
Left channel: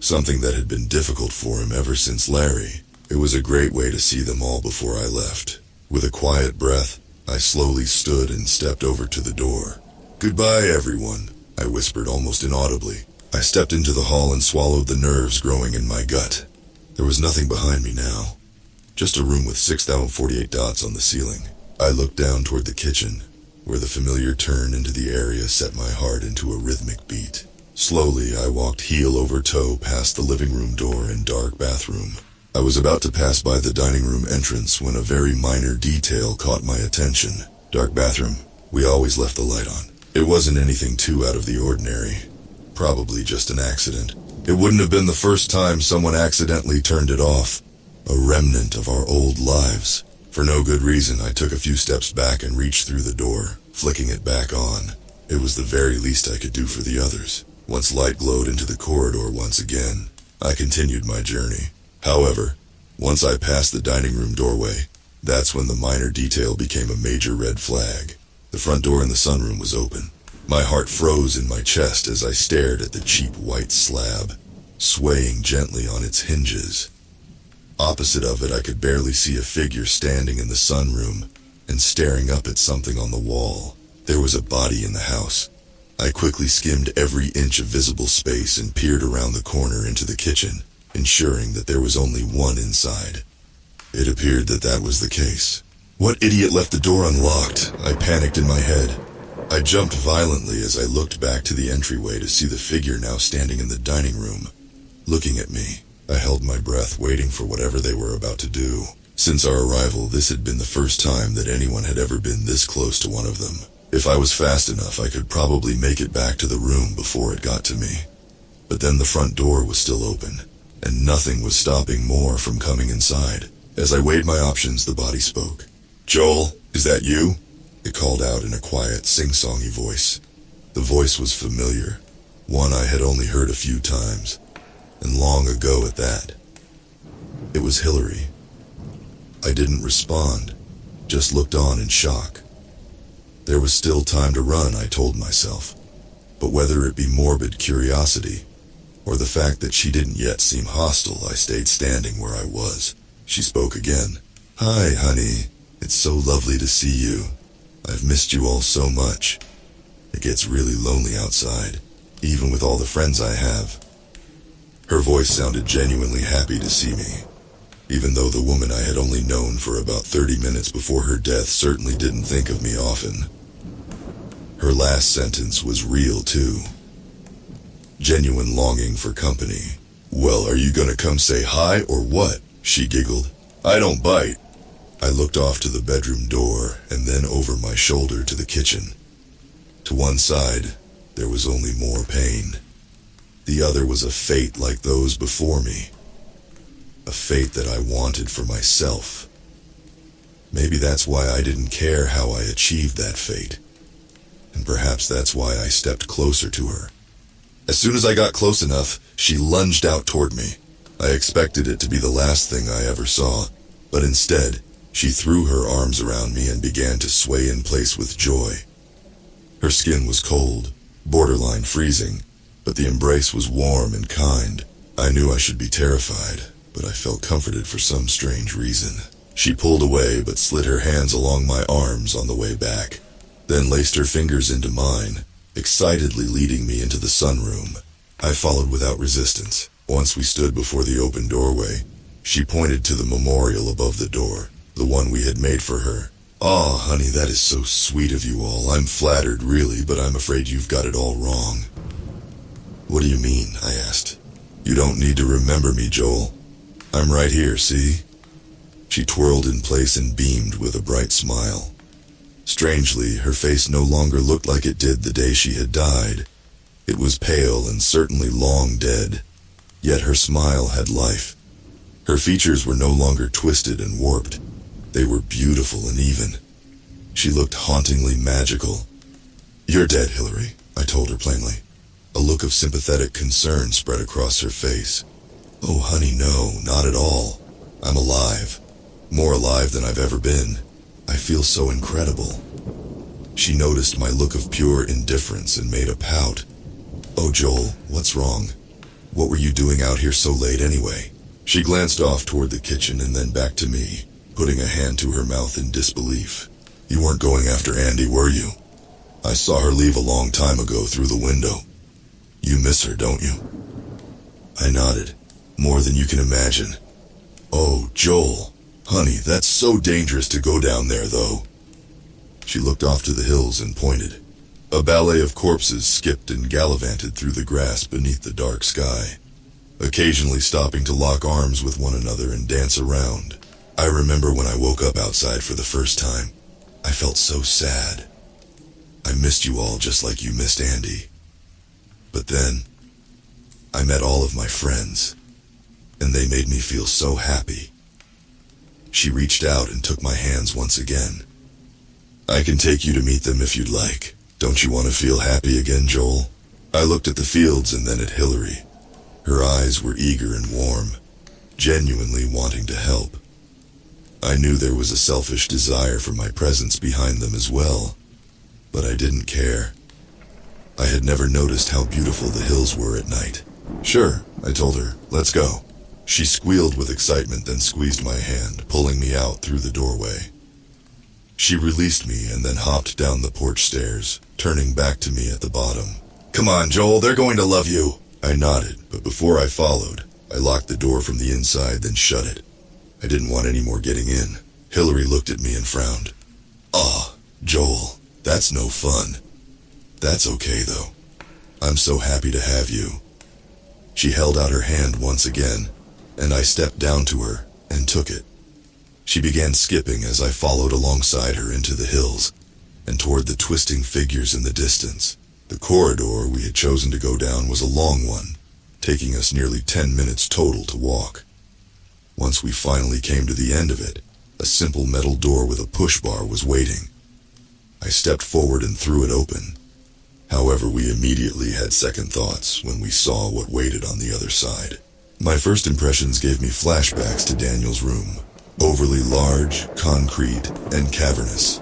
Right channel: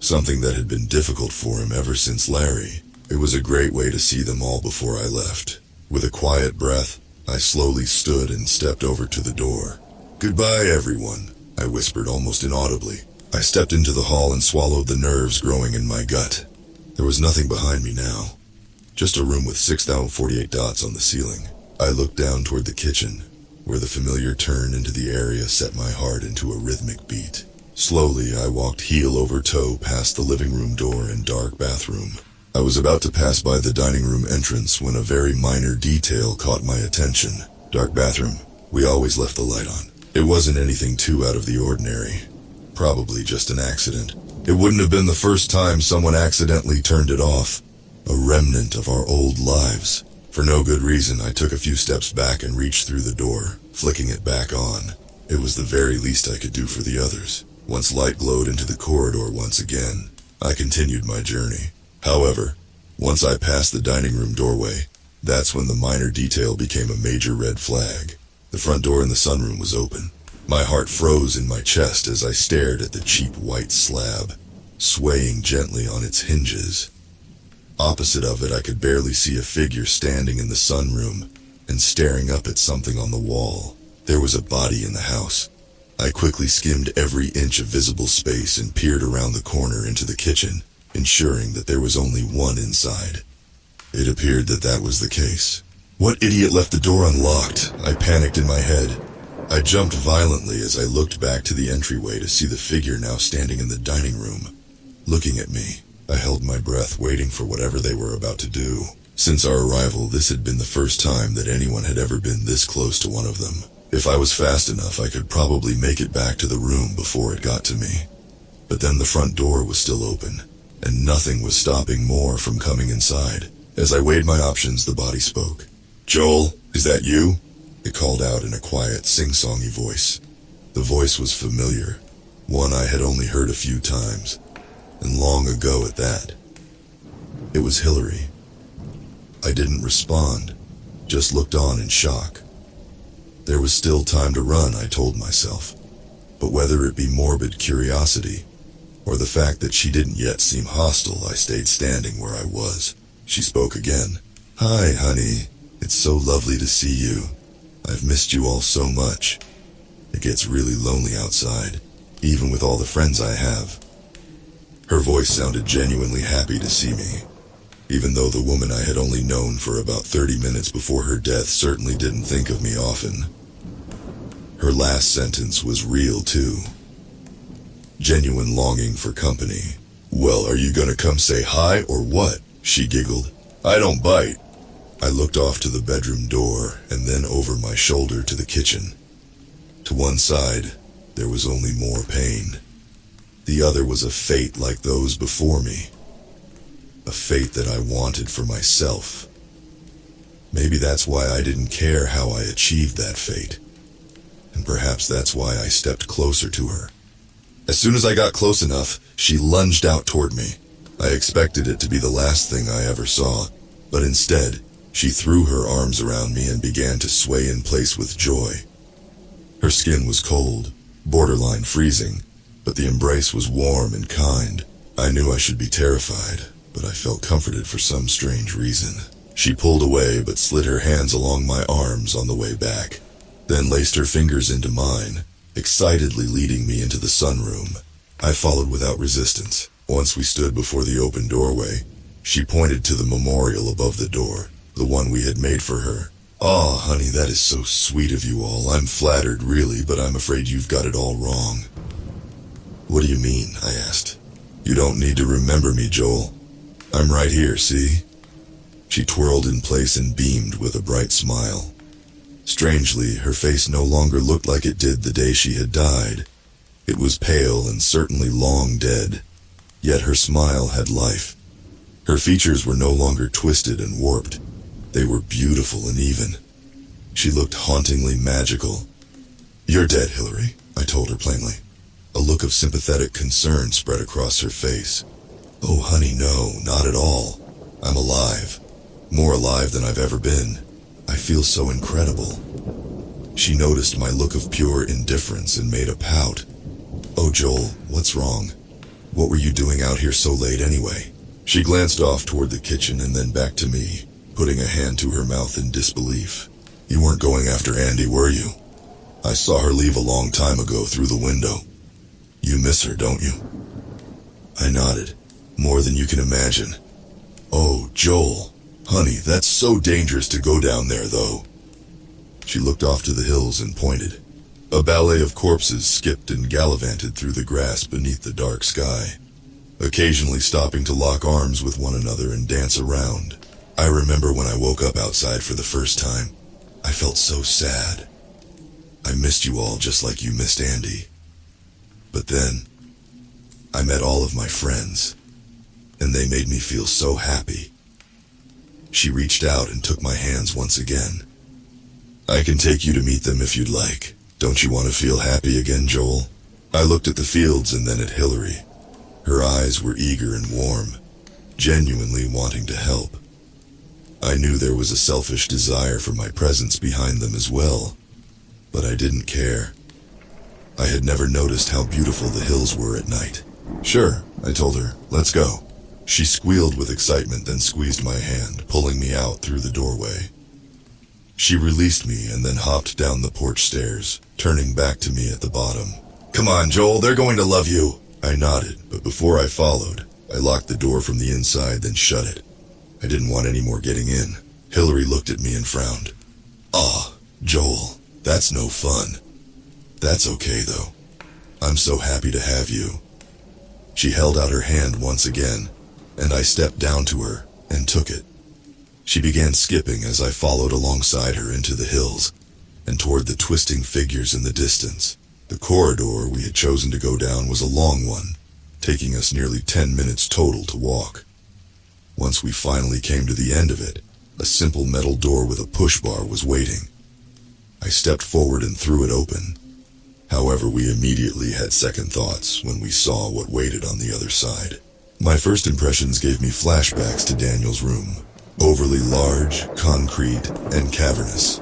something that had been difficult for him ever since Larry. It was a great way to see them all before I left. With a quiet breath, I slowly stood and stepped over to the door. Goodbye, everyone, I whispered almost inaudibly. I stepped into the hall and swallowed the nerves growing in my gut. There was nothing behind me now, just a room with 6,048 dots on the ceiling. I looked down toward the kitchen, where the familiar turn into the area set my heart into a rhythmic beat. Slowly, I walked heel over toe past the living room door and dark bathroom. I was about to pass by the dining room entrance when a very minor detail caught my attention. Dark bathroom. We always left the light on. It wasn't anything too out of the ordinary. Probably just an accident. It wouldn't have been the first time someone accidentally turned it off. A remnant of our old lives. For no good reason, I took a few steps back and reached through the door, flicking it back on. It was the very least I could do for the others. Once light glowed into the corridor once again, I continued my journey. However, once I passed the dining room doorway, that's when the minor detail became a major red flag. The front door in the sunroom was open. My heart froze in my chest as I stared at the cheap white slab, swaying gently on its hinges. Opposite of it, I could barely see a figure standing in the sunroom and staring up at something on the wall. There was a body in the house. I quickly skimmed every inch of visible space and peered around the corner into the kitchen, ensuring that there was only one inside. It appeared that that was the case. What idiot left the door unlocked? I panicked in my head. I jumped violently as I looked back to the entryway to see the figure now standing in the dining room, looking at me. I held my breath, waiting for whatever they were about to do. Since our arrival, this had been the first time that anyone had ever been this close to one of them. If I was fast enough, I could probably make it back to the room before it got to me. But then the front door was still open, and nothing was stopping more from coming inside. As I weighed my options, the body spoke. "Joel, is that you?" It called out in a quiet, sing-songy voice. The voice was familiar, one I had only heard a few times, and long ago at that. It was Hillary. I didn't respond, just looked on in shock. There was still time to run, I told myself, but whether it be morbid curiosity or the fact that she didn't yet seem hostile, I stayed standing where I was. She spoke again. "Hi, honey. It's so lovely to see you. I've missed you all so much. It gets really lonely outside, even with all the friends I have." Her voice sounded genuinely happy to see me, even though the woman I had only known for about 30 minutes before her death certainly didn't think of me often. Her last sentence was real too. Genuine longing for company. "Well, are you gonna come say hi or what?" she giggled. "I don't bite." I looked off to the bedroom door and then over my shoulder to the kitchen. To one side, there was only more pain. The other was a fate like those before me. A fate that I wanted for myself. Maybe that's why I didn't care how I achieved that fate. And perhaps that's why I stepped closer to her. As soon as I got close enough, she lunged out toward me. I expected it to be the last thing I ever saw, but instead, she threw her arms around me and began to sway in place with joy. Her skin was cold, borderline freezing, but the embrace was warm and kind. I knew I should be terrified, but I felt comforted for some strange reason. She pulled away but slid her hands along my arms on the way back, then laced her fingers into mine, excitedly leading me into the sunroom. I followed without resistance. Once we stood before the open doorway, she pointed to the memorial above the door, the one we had made for her. "Aw, honey, that is so sweet of you all. I'm flattered, really, but I'm afraid you've got it all wrong." "What do you mean?" I asked. "You don't need to remember me, Joel. I'm right here, see?" She twirled in place and beamed with a bright smile. Strangely, her face no longer looked like it did the day she had died. It was pale and certainly long dead, yet her smile had life. Her features were no longer twisted and warped. They were beautiful and even. She looked hauntingly magical. "You're dead, Hillary," I told her plainly. A look of sympathetic concern spread across her face. "Oh, honey, no, not at all. I'm alive. More alive than I've ever been. I feel so incredible." She noticed my look of pure indifference and made a pout. "Oh, Joel, what's wrong? What were you doing out here so late anyway?" She glanced off toward the kitchen and then back to me, putting a hand to her mouth in disbelief. "You weren't going after Andy, were you? I saw her leave a long time ago through the window. You miss her, don't you?" I nodded. "More than you can imagine." "Oh, Joel. Honey, that's so dangerous to go down there, though." She looked off to the hills and pointed. A ballet of corpses skipped and gallivanted through the grass beneath the dark sky, occasionally stopping to lock arms with one another and dance around. I remember when I woke up outside for the first time. I felt so sad. I missed you all just like you missed Andy. But then, I met all of my friends, and they made me feel so happy. She reached out and took my hands once again. "I can take you to meet them if you'd like. Don't you want to feel happy again, Joel?" I looked at the fields and then at Hillary. Her eyes were eager and warm, genuinely wanting to help. I knew there was a selfish desire for my presence behind them as well, but I didn't care. I had never noticed how beautiful the hills were at night. "Sure," I told her. "Let's go." She squealed with excitement, then squeezed my hand, pulling me out through the doorway. She released me and then hopped down the porch stairs, turning back to me at the bottom. "Come on, Joel, they're going to love you." I nodded, but before I followed, I locked the door from the inside, then shut it. I didn't want any more getting in. Hillary looked at me and frowned. "Ah, Joel, that's no fun." "That's okay, though. I'm so happy to have you." She held out her hand once again, and I stepped down to her and took it. She began skipping as I followed alongside her into the hills and toward the twisting figures in the distance. The corridor we had chosen to go down was a long one, taking us nearly 10 minutes total to walk. Once we finally came to the end of it, a simple metal door with a push bar was waiting. I stepped forward and threw it open. However, we immediately had second thoughts when we saw what waited on the other side. My first impressions gave me flashbacks to Daniel's room. Overly large, concrete, and cavernous.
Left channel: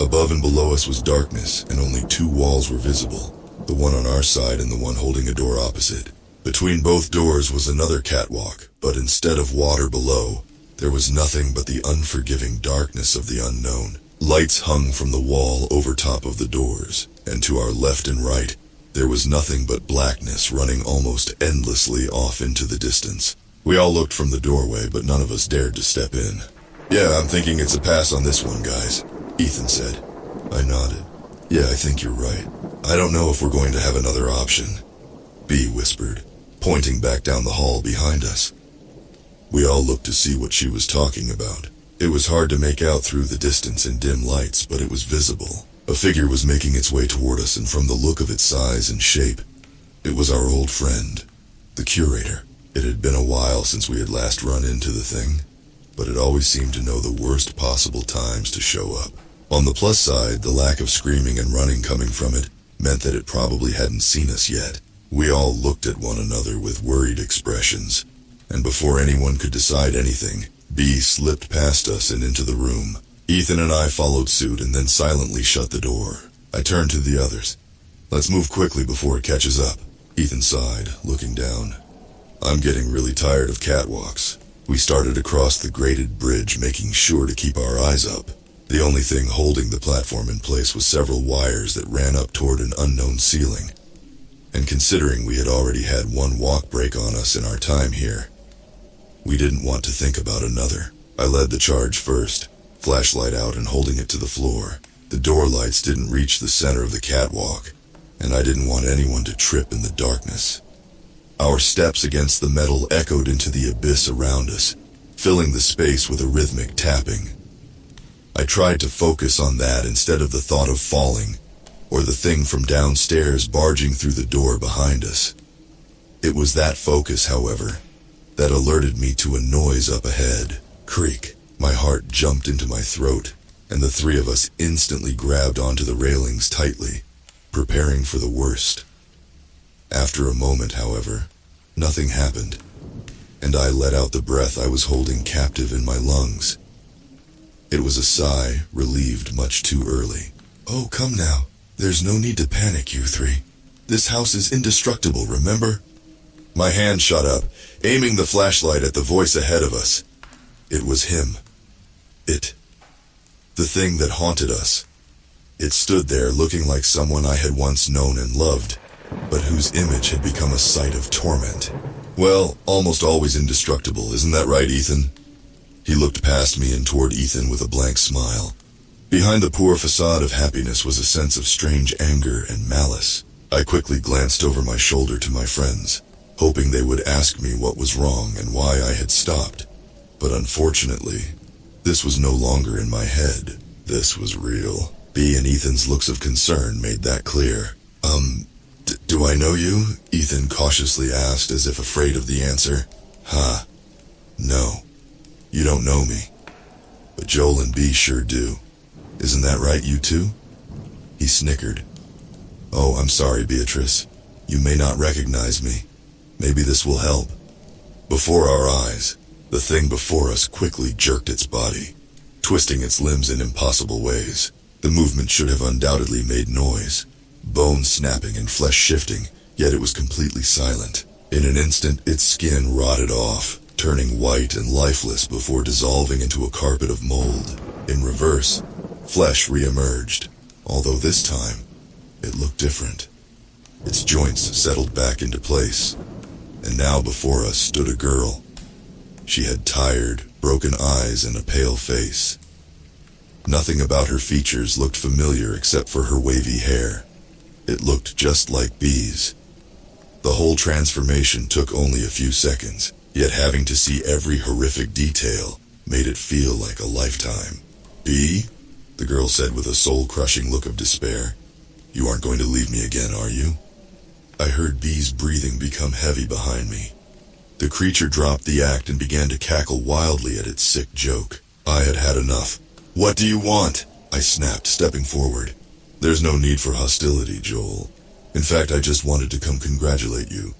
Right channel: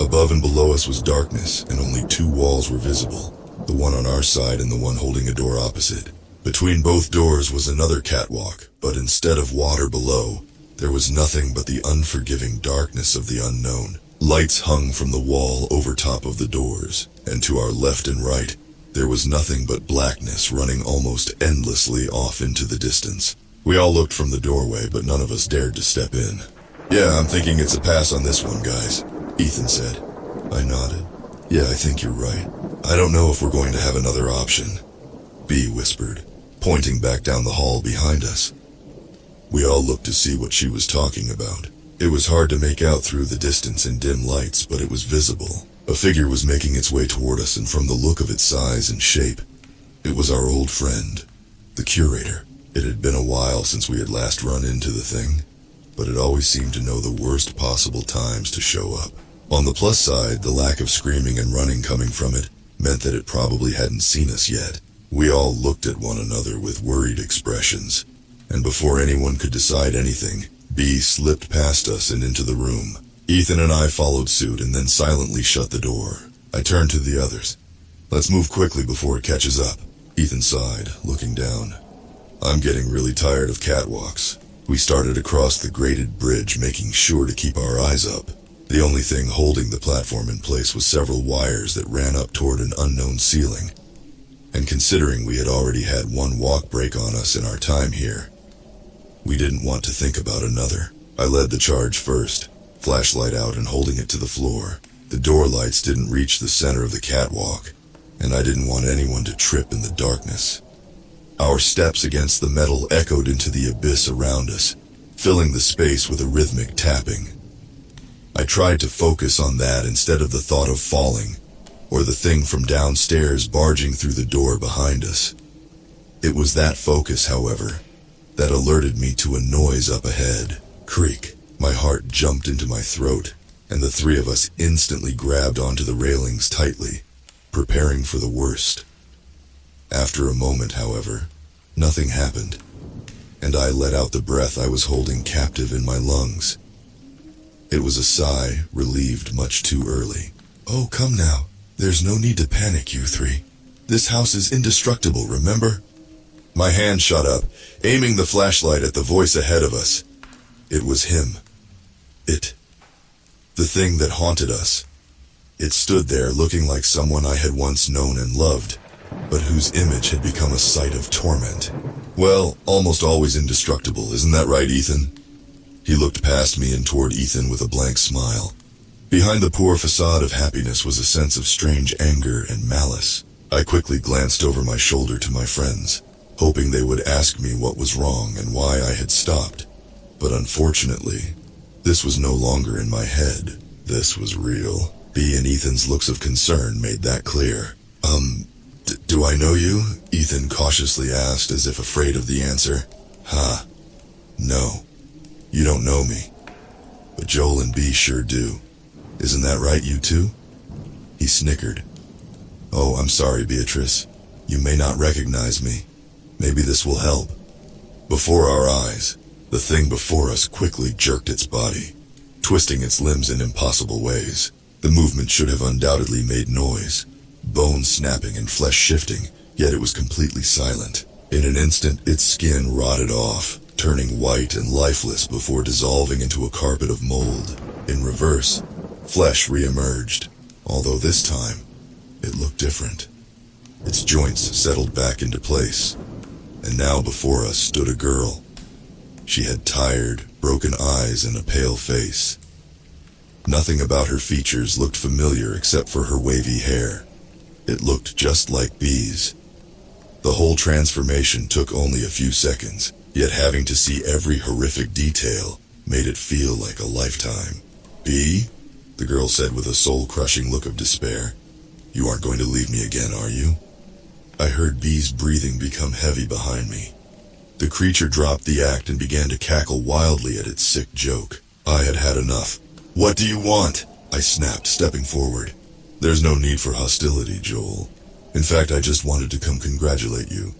Above and below us was darkness, and only two walls were visible, the one on our side and the one holding a door opposite. Between both doors was another catwalk, but instead of water below, there was nothing but the unforgiving darkness of the unknown. Lights hung from the wall over top of the doors, and to our left and right, there was nothing but blackness running almost endlessly off into the distance. We all looked from the doorway, but none of us dared to step in. "Yeah, I'm thinking it's a pass on this one, guys," Ethan said. I nodded. "Yeah, I think you're right. I don't know if we're going to have another option," B whispered, pointing back down the hall behind us. We all looked to see what she was talking about. It was hard to make out through the distance in dim lights, but it was visible. A figure was making its way toward us, and from the look of its size and shape, it was our old friend, the curator. It had been a while since we had last run into the thing, but it always seemed to know the worst possible times to show up. On the plus side, the lack of screaming and running coming from it meant that it probably hadn't seen us yet. We all looked at one another with worried expressions, and before anyone could decide anything, B slipped past us and into the room. Ethan and I followed suit and then silently shut the door. I turned to the others. "Let's move quickly before it catches up," Ethan sighed, looking down. "I'm getting really tired of catwalks." We started across the graded bridge, making sure to keep our eyes up. The only thing holding the platform in place was several wires that ran up toward an unknown ceiling. And considering we had already had one walk break on us in our time here, we didn't want to think about another. I led the charge first, flashlight out and holding it to the floor. The door lights didn't reach the center of the catwalk, and I didn't want anyone to trip in the darkness. Our steps against the metal echoed into the abyss around us, filling the space with a rhythmic tapping. I tried to focus on that instead of the thought of falling, or the thing from downstairs barging through the door behind us. It was that focus, however, that alerted me to a noise up ahead. Creak. My heart jumped into my throat, and the three of us instantly grabbed onto the railings tightly, preparing for the worst. After a moment, however, nothing happened, and I let out the breath I was holding captive in my lungs. It was a sigh, relieved much too early. "Oh, come now. There's no need to panic, you three. This house is indestructible, remember?" My hand shot up, aiming the flashlight at the voice ahead of us. It was him. The thing that haunted us. It stood there looking like someone I had once known and loved, but whose image had become a sight of torment. "Well, almost always indestructible, isn't that right, Ethan?" He looked past me and toward Ethan with a blank smile. Behind the poor facade of happiness was a sense of strange anger and malice. I quickly glanced over my shoulder to my friends, hoping they would ask me what was wrong and why I had stopped. But unfortunately, this was no longer in my head. This was real. B and Ethan's looks of concern made that clear. Do I know you?" Ethan cautiously asked, as if afraid of the answer. No, you don't know me. But Joel and B sure do. Isn't that right, you two?" He snickered. "Oh, I'm sorry, Beatrice. You may not recognize me. Maybe this will help." Before our eyes, the thing before us quickly jerked its body, twisting its limbs in impossible ways. The movement should have undoubtedly made noise, bones snapping and flesh shifting, yet it was completely silent. In an instant, its skin rotted off, turning white and lifeless before dissolving into a carpet of mold. In reverse, flesh re-emerged, although this time, it looked different. Its joints settled back into place, and now before us stood a girl. She had tired, broken eyes and a pale face. Nothing about her features looked familiar except for her wavy hair. It looked just like Bee's. The whole transformation took only a few seconds, yet having to see every horrific detail made it feel like a lifetime. "Bee?" the girl said with a soul-crushing look of despair. "You aren't going to leave me again, are you?" I heard Bee's breathing become heavy behind me. The creature dropped the act and began to cackle wildly at its sick joke. I had had enough. "What do you want?" I snapped, stepping forward. "There's no need for hostility, Joel. In fact, I just wanted to come congratulate you."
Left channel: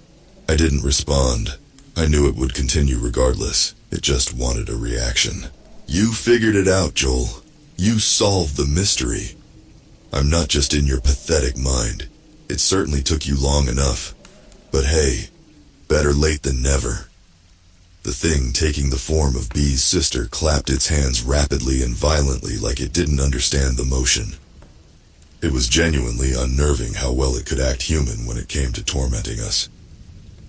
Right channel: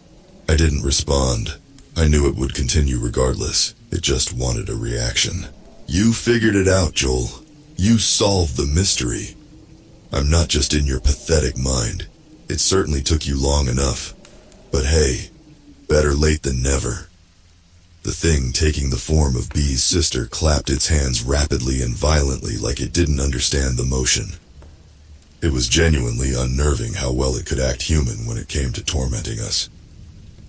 I didn't respond. I knew it would continue regardless. It just wanted a reaction. "You figured it out, Joel. You solved the mystery. I'm not just in your pathetic mind. It certainly took you long enough. But hey, better late than never." The thing taking the form of Bee's sister clapped its hands rapidly and violently like it didn't understand the motion. It was genuinely unnerving how well it could act human when it came to tormenting us.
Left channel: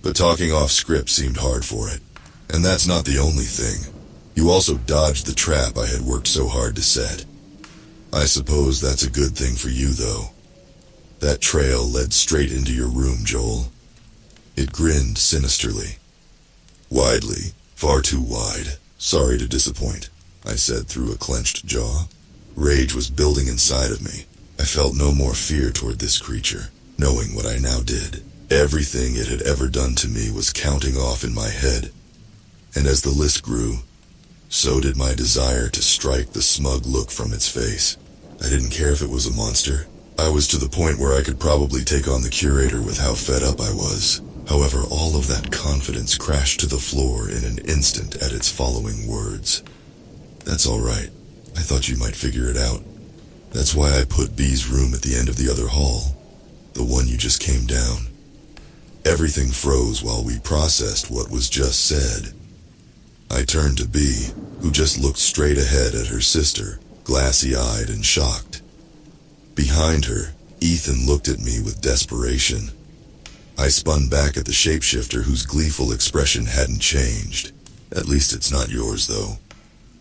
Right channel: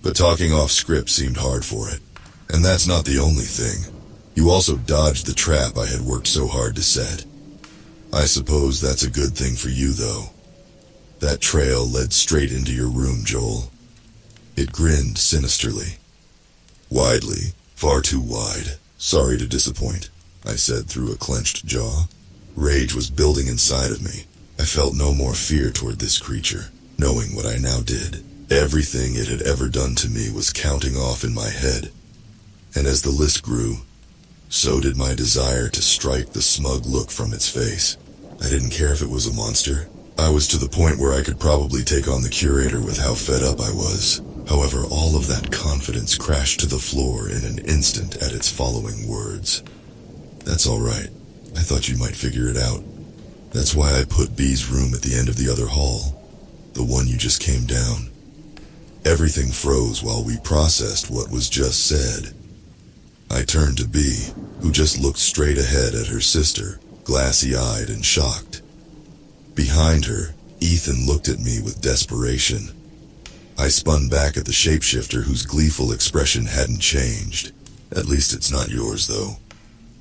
But talking off script seemed hard for it. And that's not the only thing. You also dodged the trap I had worked so hard to set. I suppose that's a good thing for you, though. That trail led straight into your room, Joel. It grinned sinisterly. Widely, far too wide. "Sorry to disappoint," I said through a clenched jaw. Rage was building inside of me. I felt no more fear toward this creature, knowing what I now did. Everything it had ever done to me was counting off in my head. And as the list grew, so did my desire to strike the smug look from its face. I didn't care if it was a monster. I was to the point where I could probably take on the curator with how fed up I was. However, all of that confidence crashed to the floor in an instant at its following words. "That's all right. I thought you might figure it out. That's why I put Bee's room at the end of the other hall, the one you just came down." Everything froze while we processed what was just said. I turned to Bee, who just looked straight ahead at her sister, glassy-eyed and shocked. Behind her, Ethan looked at me with desperation. I spun back at the shapeshifter whose gleeful expression hadn't changed. "At least it's not yours, though."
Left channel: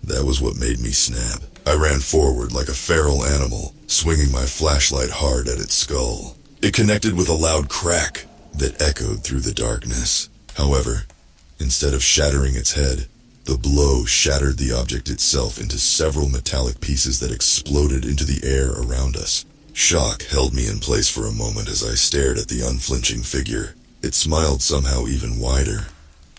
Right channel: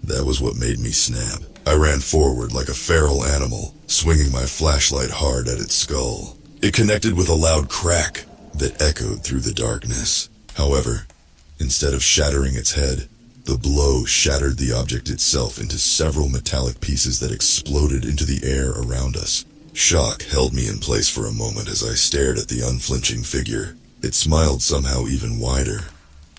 That was what made me snap. I ran forward like a feral animal, swinging my flashlight hard at its skull. It connected with a loud crack that echoed through the darkness. However, instead of shattering its head, the blow shattered the object itself into several metallic pieces that exploded into the air around us. Shock held me in place for a moment as I stared at the unflinching figure. It smiled somehow even wider,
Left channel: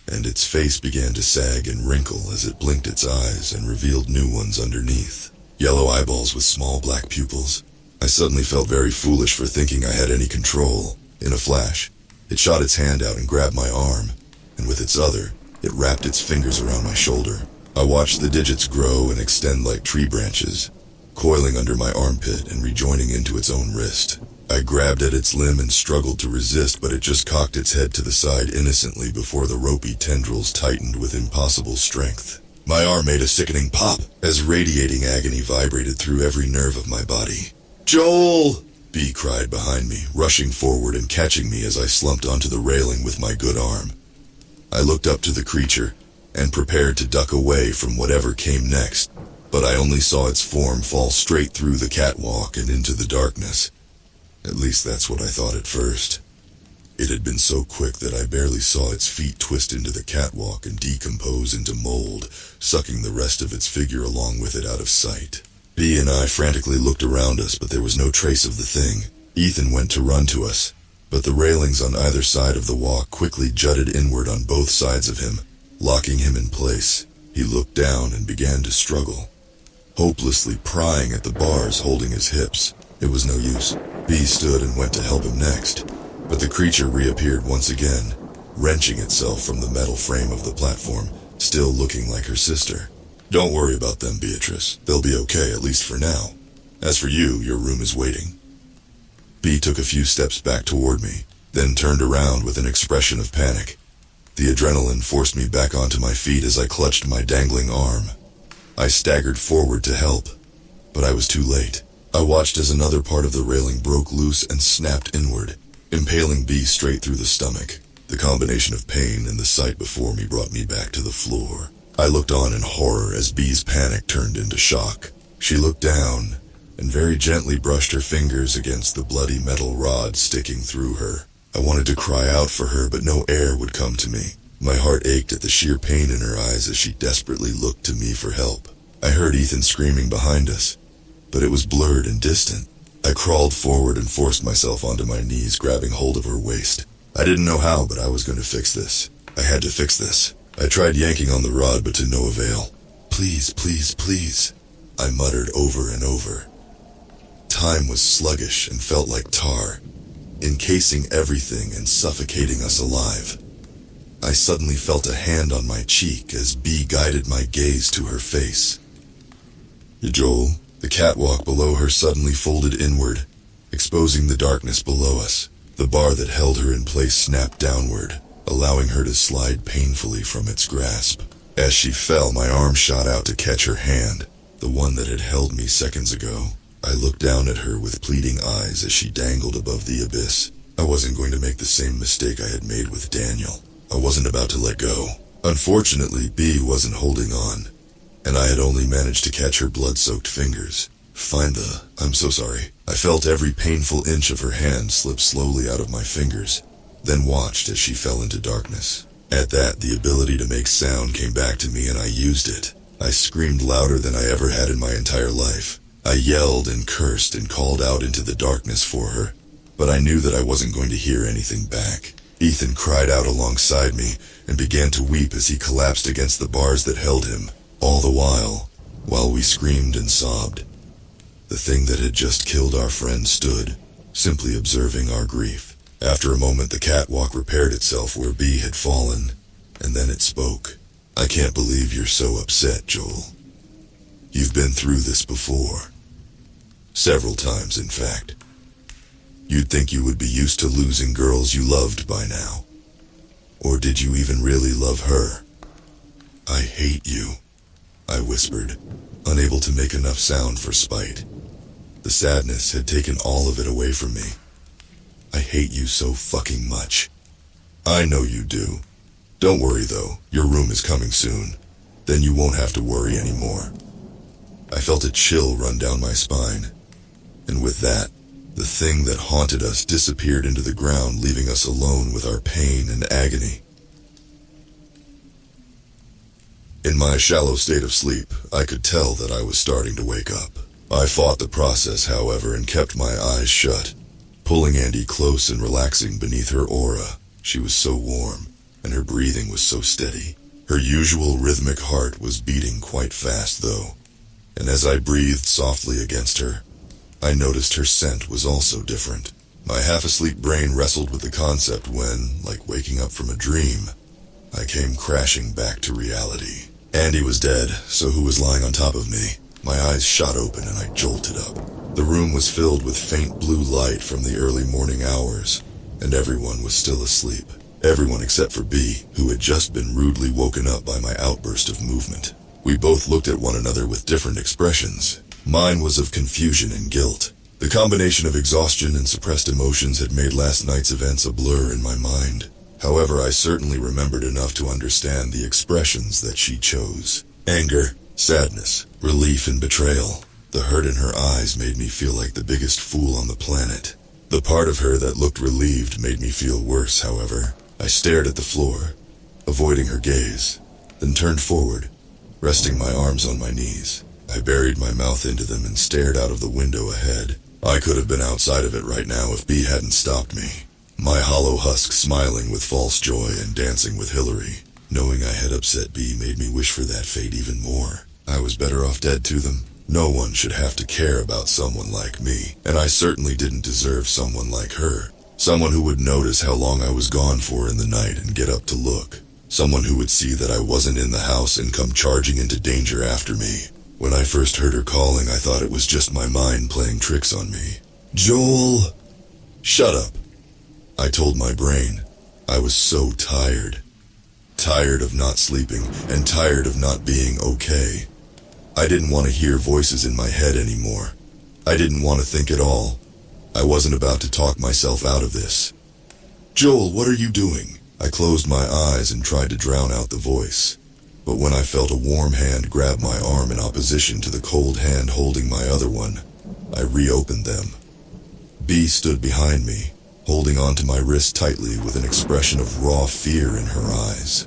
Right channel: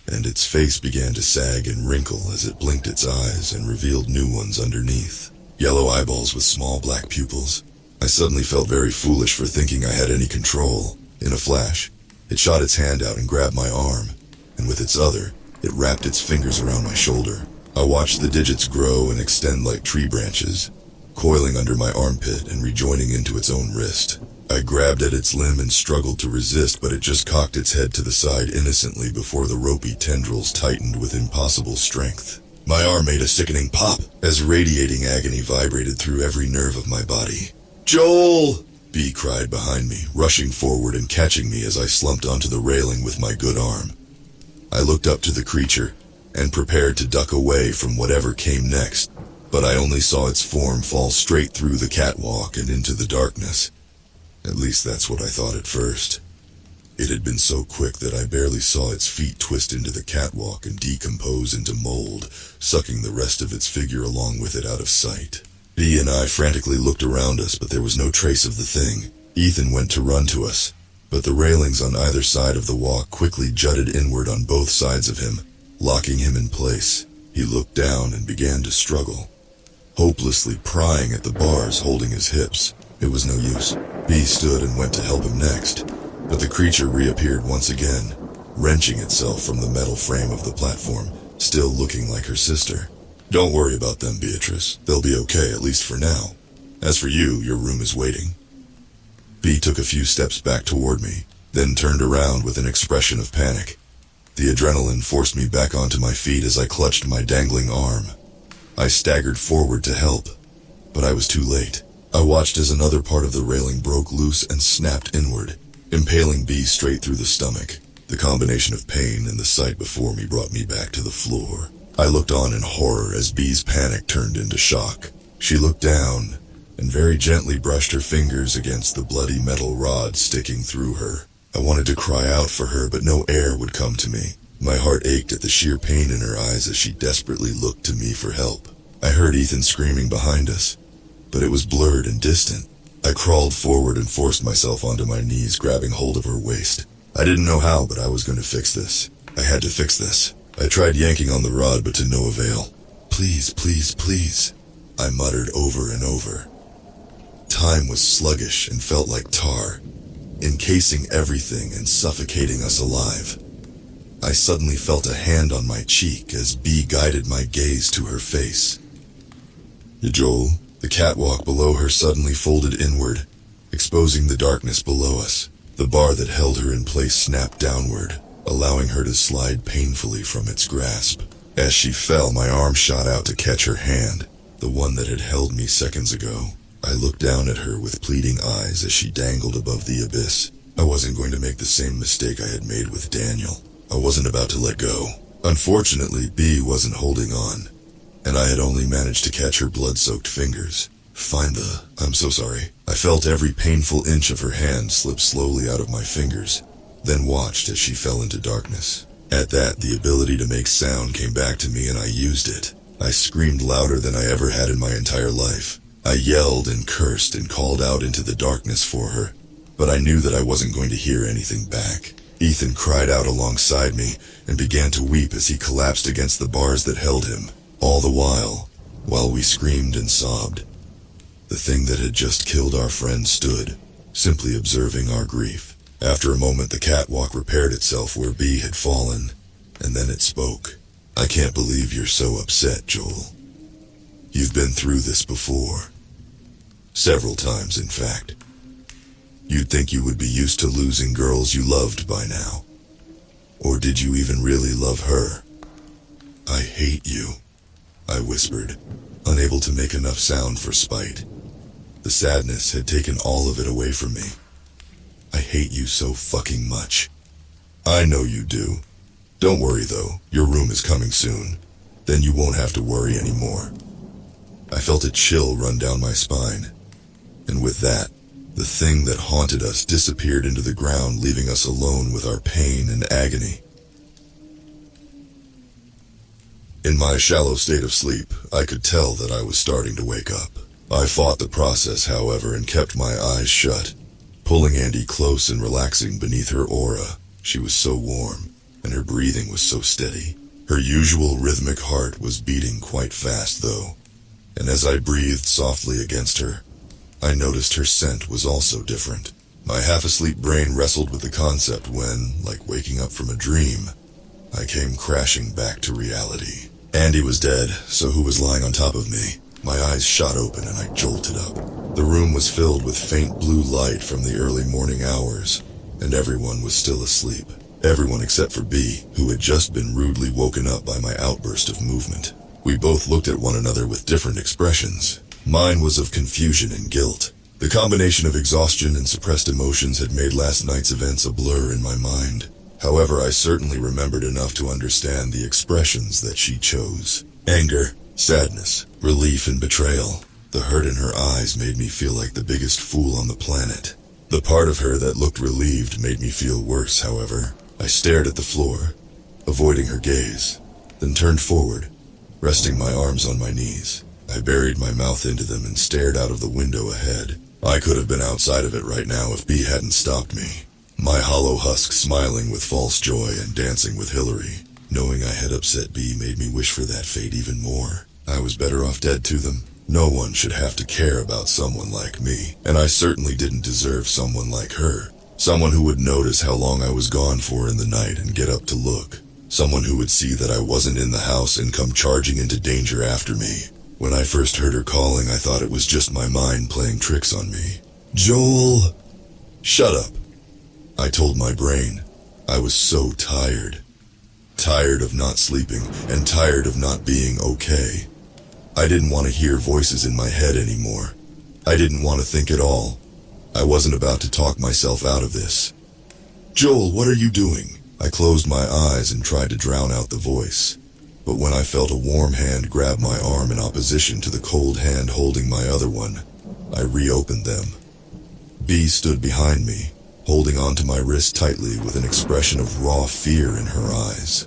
and its face began to sag and wrinkle as it blinked its eyes and revealed new ones underneath. Yellow eyeballs with small black pupils. I suddenly felt very foolish for thinking I had any control. In a flash, it shot its hand out and grabbed my arm, and with its other, it wrapped its fingers around my shoulder. I watched the digits grow and extend like tree branches, coiling under my armpit and rejoining into its own wrist. I grabbed at its limb and struggled to resist, but it just cocked its head to the side innocently before the ropey tendrils tightened with impossible strength. My arm made a sickening pop as radiating agony vibrated through every nerve of my body. "Joel!" Bee cried behind me, rushing forward and catching me as I slumped onto the railing with my good arm. I looked up to the creature and prepared to duck away from whatever came next, but I only saw its form fall straight through the catwalk and into the darkness. At least that's what I thought at first. It had been so quick that I barely saw its feet twist into the catwalk and decompose into mold, sucking the rest of its figure along with it out of sight. Bee and I frantically looked around us, but there was no trace of the thing. Ethan went to run to us, but the railings on either side of the walk quickly jutted inward on both sides of him, locking him in place. He looked down and began to struggle, hopelessly prying at the bars holding his hips. It was no use. Bee stood and went to help him next, but the creature reappeared once again, wrenching itself from the metal frame of the platform, still looking like her sister. "Don't worry about them, Beatrice. They'll be okay, at least for now. As for you, your room is waiting." Bee took a few steps back toward me, then turned around with an expression of panic. The adrenaline forced me back onto my feet as I clutched my dangling arm. I staggered forward to help, but I was too late. I watched as another part of the railing broke loose and snapped inward, impaling B straight through the stomach. The combination of pain and the sight before me brought me back to the floor. I looked on in horror as B's panic turned into shock. She looked down and very gently brushed her fingers against the bloody metal rod sticking through her. I wanted to cry out for her, but no air would come to me. My heart ached at the sheer pain in her eyes as she desperately looked to me for help. I heard Ethan screaming behind us, but it was blurred and distant. I crawled forward and forced myself onto my knees, grabbing hold of her waist. I didn't know how, but I was going to fix this. I had to fix this. I tried yanking on the rod, but to no avail. Please, please, please, I muttered over and over. Time was sluggish and felt like tar, encasing everything and suffocating us alive. I suddenly felt a hand on my cheek as B guided my gaze to her face. Joel, the catwalk below her suddenly folded inward, exposing the darkness below us. The bar that held her in place snapped downward, allowing her to slide painfully from its grasp. As she fell, my arm shot out to catch her hand, the one that had held me seconds ago. I looked down at her with pleading eyes as she dangled above the abyss. I wasn't going to make the same mistake I had made with Daniel. I wasn't about to let go. Unfortunately, B wasn't holding on, and I had only managed to catch her blood-soaked fingers. I'm so sorry. I felt every painful inch of her hand slip slowly out of my fingers, then watched as she fell into darkness. At that, the ability to make sound came back to me and I used it. I screamed louder than I ever had in my entire life. I yelled and cursed and called out into the darkness for her, but I knew that I wasn't going to hear anything back. Ethan cried out alongside me and began to weep as he collapsed against the bars that held him. All the while we screamed and sobbed, the thing that had just killed our friend stood, simply observing our grief. After a moment, the catwalk repaired itself where B had fallen, and then it spoke. I can't believe you're so upset, Joel. You've been through this before. Several times, in fact. You'd think you would be used to losing girls you loved by now. Or did you even really love her? I hate you, I whispered, unable to make enough sound for spite. The sadness had taken all of it away from me. I hate you so fucking much. I know you do. Don't worry though, your room is coming soon. Then you won't have to worry anymore. I felt a chill run down my spine. And with that, the thing that haunted us disappeared into the ground, leaving us alone with our pain and agony. In my shallow state of sleep, I could tell that I was starting to wake up. I fought the process, however, and kept my eyes shut, pulling Andy close and relaxing beneath her aura. She was so warm, and her breathing was so steady. Her usual rhythmic heart was beating quite fast, though, and as I breathed softly against her, I noticed her scent was also different. My half-asleep brain wrestled with the concept when, like waking up from a dream, I came crashing back to reality. Andy was dead, so who was lying on top of me? My eyes shot open and I jolted up. The room was filled with faint blue light from the early morning hours, and everyone was still asleep. Everyone except for B, who had just been rudely woken up by my outburst of movement. We both looked at one another with different expressions. Mine was of confusion and guilt. The combination of exhaustion and suppressed emotions had made last night's events a blur in my mind. However, I certainly remembered enough to understand the expressions that she chose. Anger, sadness, relief, and betrayal. The hurt in her eyes made me feel like the biggest fool on the planet. The part of her that looked relieved made me feel worse, however. I stared at the floor, avoiding her gaze, then turned forward, resting my arms on my knees. I buried my mouth into them and stared out of the window ahead. I could have been outside of it right now if B hadn't stopped me. My hollow husk smiling with false joy and dancing with Hillary. Knowing I had upset B made me wish for that fate even more. I was better off dead to them. No one should have to care about someone like me, and I certainly didn't deserve someone like her. Someone who would notice how long I was gone for in the night and get up to look. Someone who would see that I wasn't in the house and come charging into danger after me. When I first heard her calling, I thought it was just my mind playing tricks on me. Joel! Shut up. I told my brain. I was so tired. Tired of not sleeping, and tired of not being okay. I didn't want to hear voices in my head anymore. I didn't want to think at all. I wasn't about to talk myself out of this. "Joel, what are you doing?" I closed my eyes and tried to drown out the voice. But when I felt a warm hand grab my arm in opposition to the cold hand holding my other one, I reopened them. B stood behind me, holding onto my wrist tightly with an expression of raw fear in her eyes.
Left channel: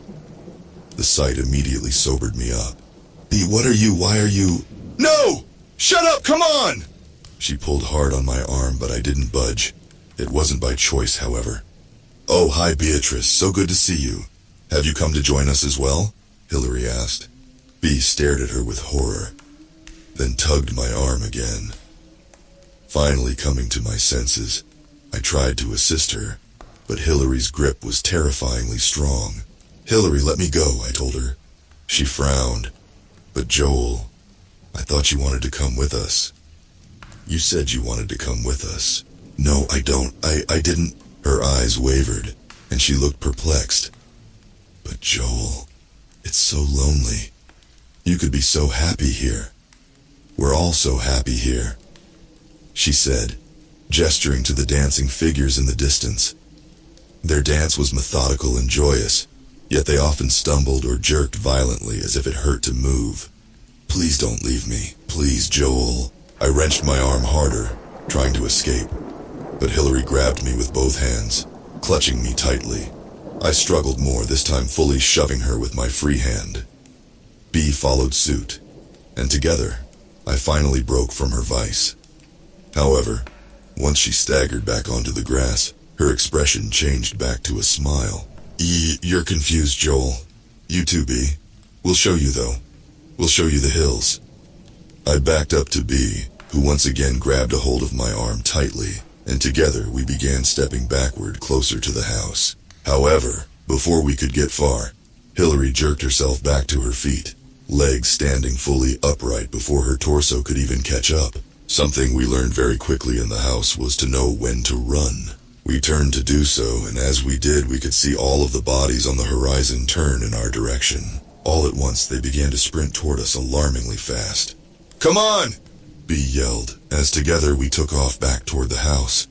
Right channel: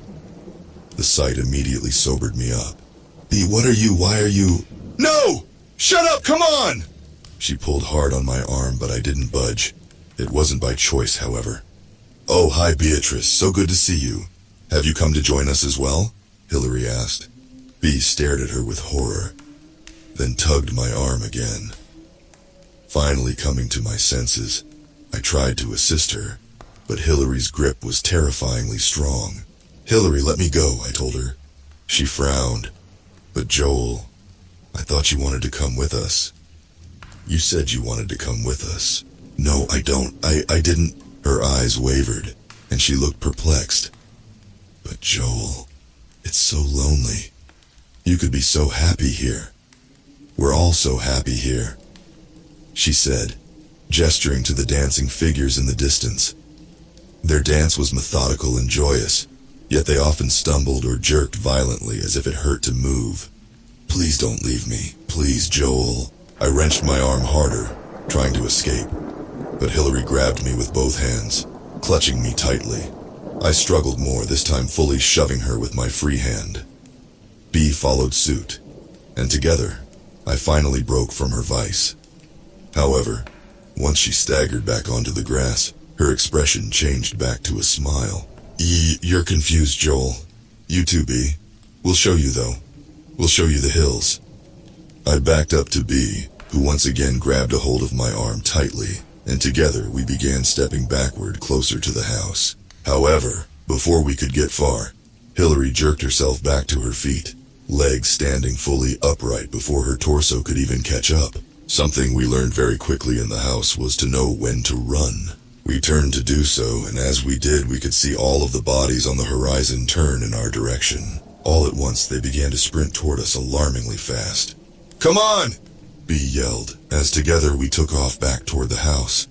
The sight immediately sobered me up. "B, why are you? No! Shut up, come on!" She pulled hard on my arm, but I didn't budge. It wasn't by choice, however. "Oh, hi Beatrice, so good to see you. Have you come to join us as well?" Hillary asked. B stared at her with horror, then tugged my arm again. Finally coming to my senses, I tried to assist her, but Hillary's grip was terrifyingly strong. "Hillary, let me go," I told her. She frowned. "But Joel, I thought you wanted to come with us." "You said you wanted to come with us." "No, I don't. I didn't." Her eyes wavered, and she looked perplexed. "But Joel, it's so lonely. You could be so happy here. We're all so happy here," she said, gesturing to the dancing figures in the distance. Their dance was methodical and joyous, yet they often stumbled or jerked violently as if it hurt to move. "Please don't leave me. Please, Joel." I wrenched my arm harder, trying to escape, but Hillary grabbed me with both hands, clutching me tightly. I struggled more, this time fully shoving her with my free hand. B followed suit, and together, I finally broke from her vice. However, once she staggered back onto the grass, her expression changed back to a smile. You're confused, Joel. You too, B. We'll show you, though. We'll show you the hills." I backed up to B, who once again grabbed a hold of my arm tightly, and together we began stepping backward closer to the house. However, before we could get far, Hillary jerked herself back to her feet, legs standing fully upright before her torso could even catch up. Something we learned very quickly in the house was to know when to run. We turned to do so, and as we did, we could see all of the bodies on the horizon turn in our direction. All at once, they began to sprint toward us alarmingly fast. "Come on!" B yelled, as together we took off back toward the house.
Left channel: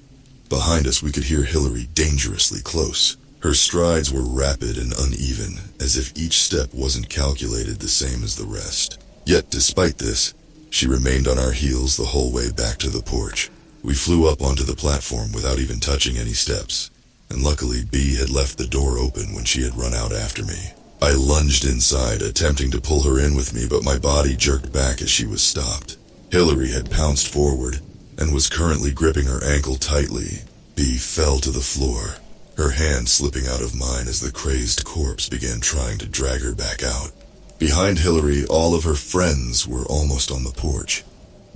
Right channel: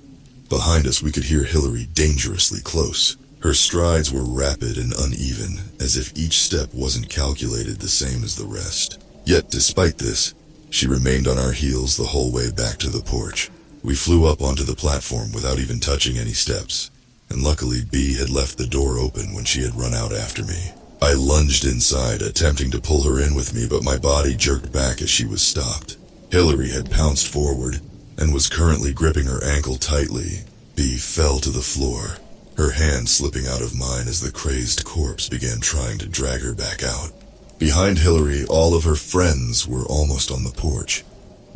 Behind us, we could hear Hillary dangerously close. Her strides were rapid and uneven, as if each step wasn't calculated the same as the rest. Yet, despite this, she remained on our heels the whole way back to the porch. We flew up onto the platform without even touching any steps, and luckily B had left the door open when she had run out after me. I lunged inside, attempting to pull her in with me, but my body jerked back as she was stopped. Hillary had pounced forward, and was currently gripping her ankle tightly. B fell to the floor, her hand slipping out of mine as the crazed corpse began trying to drag her back out. Behind Hillary, all of her friends were almost on the porch.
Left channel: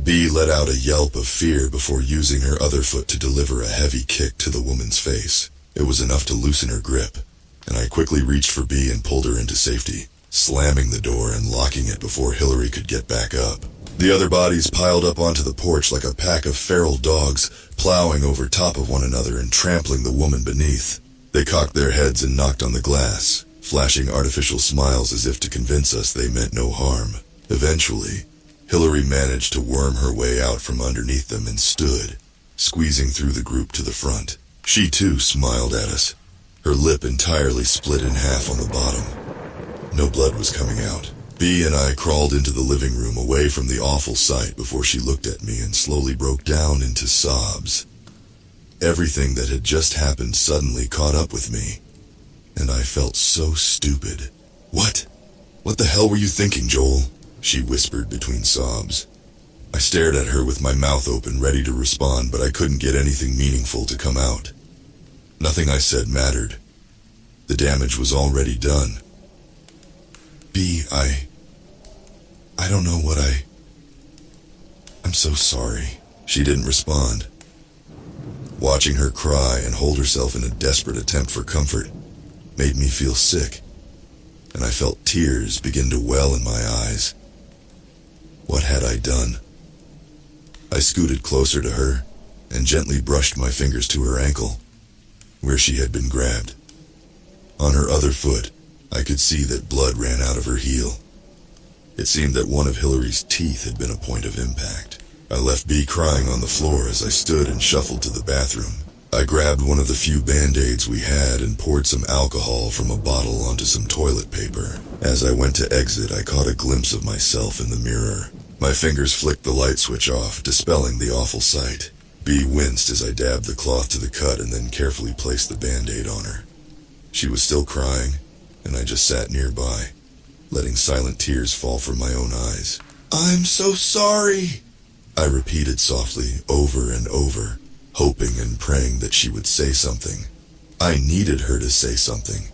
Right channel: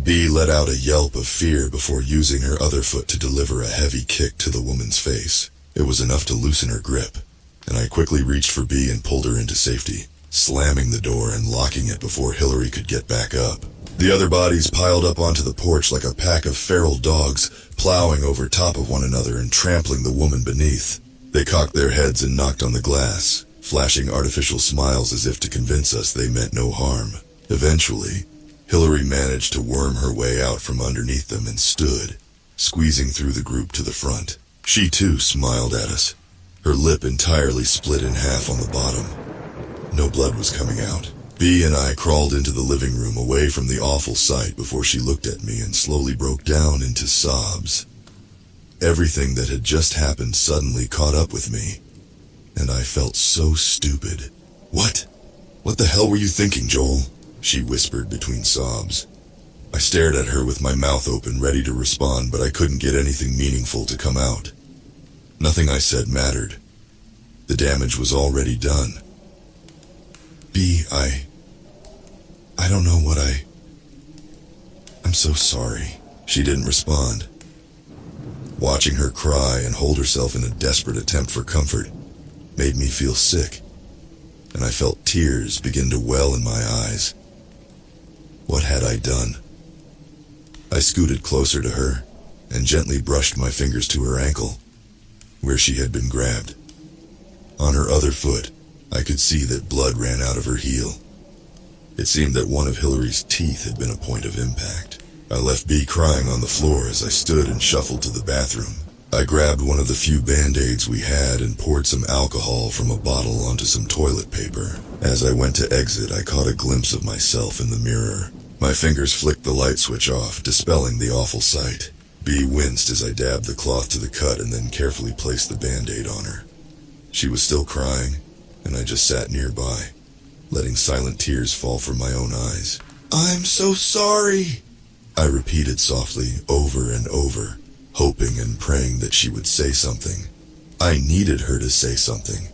B let out a yelp of fear before using her other foot to deliver a heavy kick to the woman's face. It was enough to loosen her grip, and I quickly reached for B and pulled her into safety, slamming the door and locking it before Hillary could get back up. The other bodies piled up onto the porch like a pack of feral dogs, plowing over top of one another and trampling the woman beneath. They cocked their heads and knocked on the glass, flashing artificial smiles as if to convince us they meant no harm. Eventually, Hillary managed to worm her way out from underneath them and stood, squeezing through the group to the front. She too smiled at us, her lip entirely split in half on the bottom. No blood was coming out. B and I crawled into the living room away from the awful sight before she looked at me and slowly broke down into sobs. Everything that had just happened suddenly caught up with me, and I felt so stupid. What the hell were you thinking, Joel?" she whispered between sobs. I stared at her with my mouth open, ready to respond, but I couldn't get anything meaningful to come out. Nothing I said mattered. The damage was already done. B, I don't know what I'm so sorry. She didn't respond. Watching her cry and hold herself in a desperate attempt for comfort made me feel sick, and I felt tears begin to well in my eyes. What had I done? I scooted closer to her and gently brushed my fingers to her ankle. where she had been grabbed. On her other foot, I could see that blood ran out of her heel. It seemed that one of Hillary's teeth had been a point of impact. I left B crying on the floor as I stood and shuffled to the bathroom. I grabbed one of the few Band-Aids we had and poured some alcohol from a bottle onto some toilet paper. As I went to exit, I caught a glimpse of myself in the mirror. My fingers flicked the light switch off, dispelling the awful sight. B winced as I dabbed the cloth to the cut and then carefully placed the Band-Aid on her. She was still crying, and I just sat nearby, letting silent tears fall from my own eyes. "I'm so sorry," I repeated softly over and over, hoping and praying that she would say something. I needed her to say something.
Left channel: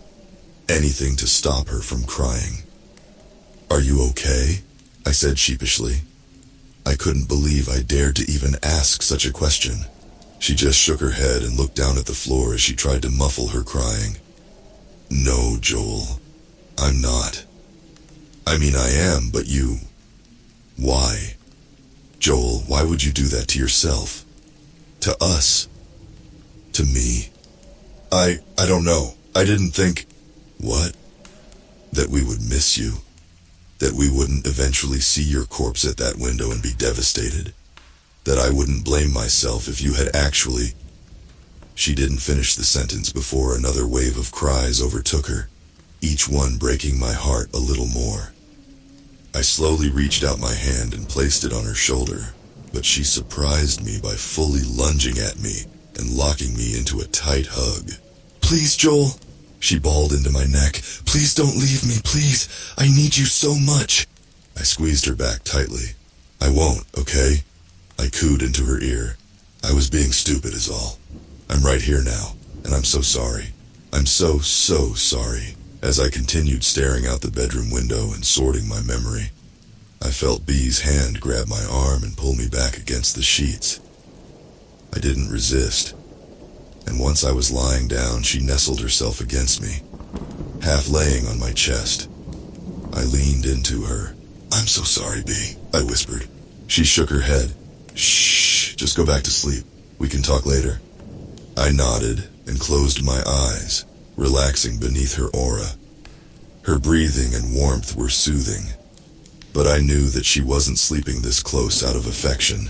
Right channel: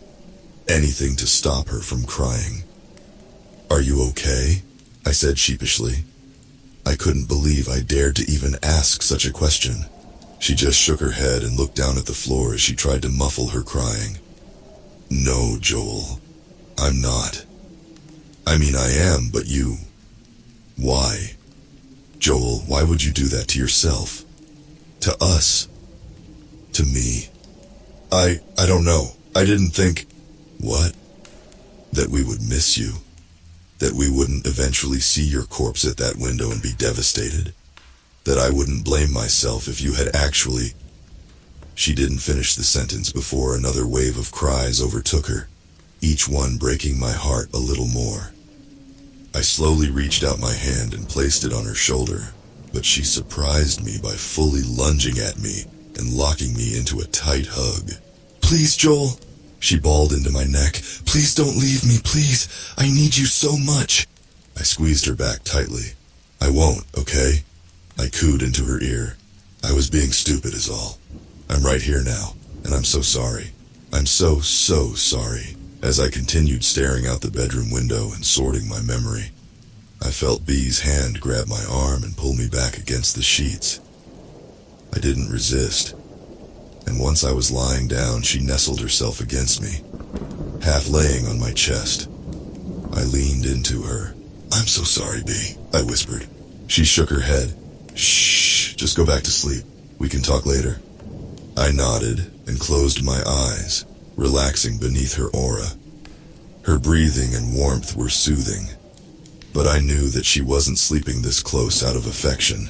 Anything to stop her from crying. "Are you okay?" I said sheepishly. I couldn't believe I dared to even ask such a question. She just shook her head and looked down at the floor as she tried to muffle her crying. "No, Joel, I'm not. I mean, I am, but you... Why? Joel, why would you do that to yourself? To us? To me? I don't know. I didn't think..." "What? That we would miss you? That we wouldn't eventually see your corpse at that window and be devastated? That I wouldn't blame myself if you had actually..." She didn't finish the sentence before another wave of cries overtook her, each one breaking my heart a little more. I slowly reached out my hand and placed it on her shoulder, but she surprised me by fully lunging at me and locking me into a tight hug. "Please, Joel," she bawled into my neck. "Please don't leave me, please. I need you so much." I squeezed her back tightly. "I won't, okay?" I cooed into her ear. "I was being stupid is all. I'm right here now, and I'm so sorry. I'm so sorry." As I continued staring out the bedroom window and sorting my memory, I felt B's hand grab my arm and pull me back against the sheets. I didn't resist, and once I was lying down, she nestled herself against me, half laying on my chest. I leaned into her. "I'm so sorry, B," I whispered. She shook her head. "Shh, just go back to sleep. We can talk later." I nodded and closed my eyes, relaxing beneath her aura. Her breathing and warmth were soothing, but I knew that she wasn't sleeping this close out of affection.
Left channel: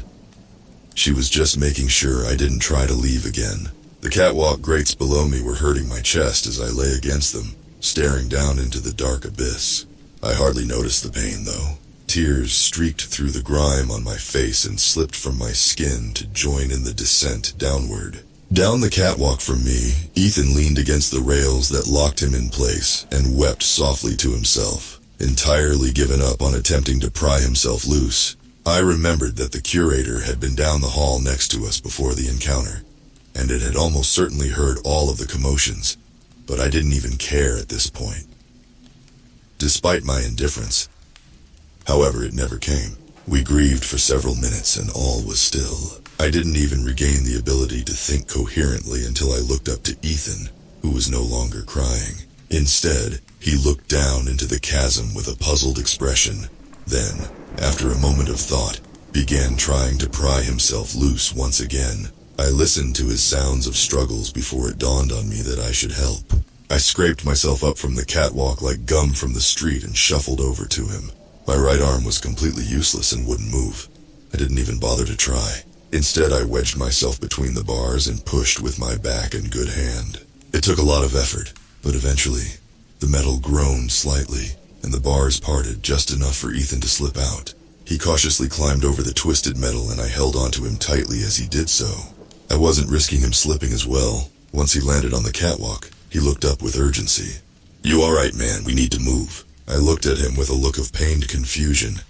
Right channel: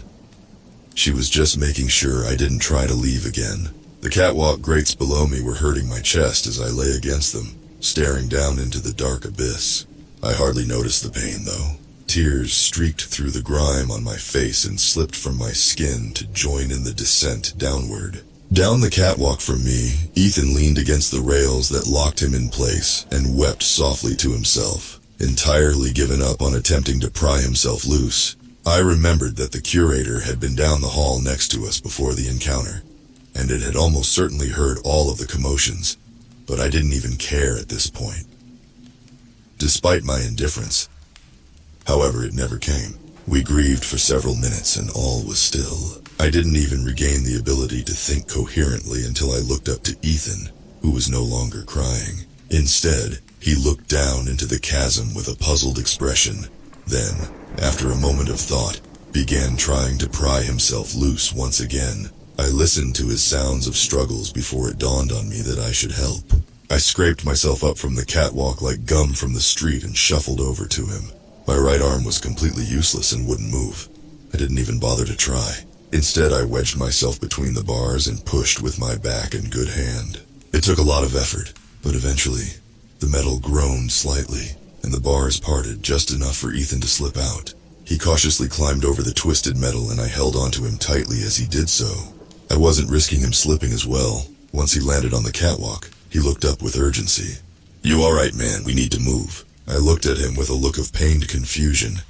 She was just making sure I didn't try to leave again. The catwalk grates below me were hurting my chest as I lay against them, staring down into the dark abyss. I hardly noticed the pain, though. Tears streaked through the grime on my face and slipped from my skin to join in the descent downward. Down the catwalk from me, Ethan leaned against the rails that locked him in place and wept softly to himself, entirely given up on attempting to pry himself loose. I remembered that the curator had been down the hall next to us before the encounter, and it had almost certainly heard all of the commotions, but I didn't even care at this point. Despite my indifference, however, it never came. We grieved for several minutes and all was still. I didn't even regain the ability to think coherently until I looked up to Ethan, who was no longer crying. Instead, he looked down into the chasm with a puzzled expression, then, after a moment of thought, began trying to pry himself loose once again. I listened to his sounds of struggles before it dawned on me that I should help. I scraped myself up from the catwalk like gum from the street and shuffled over to him. My right arm was completely useless and wouldn't move. I didn't even bother to try. Instead, I wedged myself between the bars and pushed with my back and good hand. It took a lot of effort, but eventually, the metal groaned slightly, and the bars parted just enough for Ethan to slip out. He cautiously climbed over the twisted metal and I held onto him tightly as he did so. I wasn't risking him slipping as well. Once he landed on the catwalk, he looked up with urgency. "You all right, man? We need to move." I looked at him with a look of pained confusion.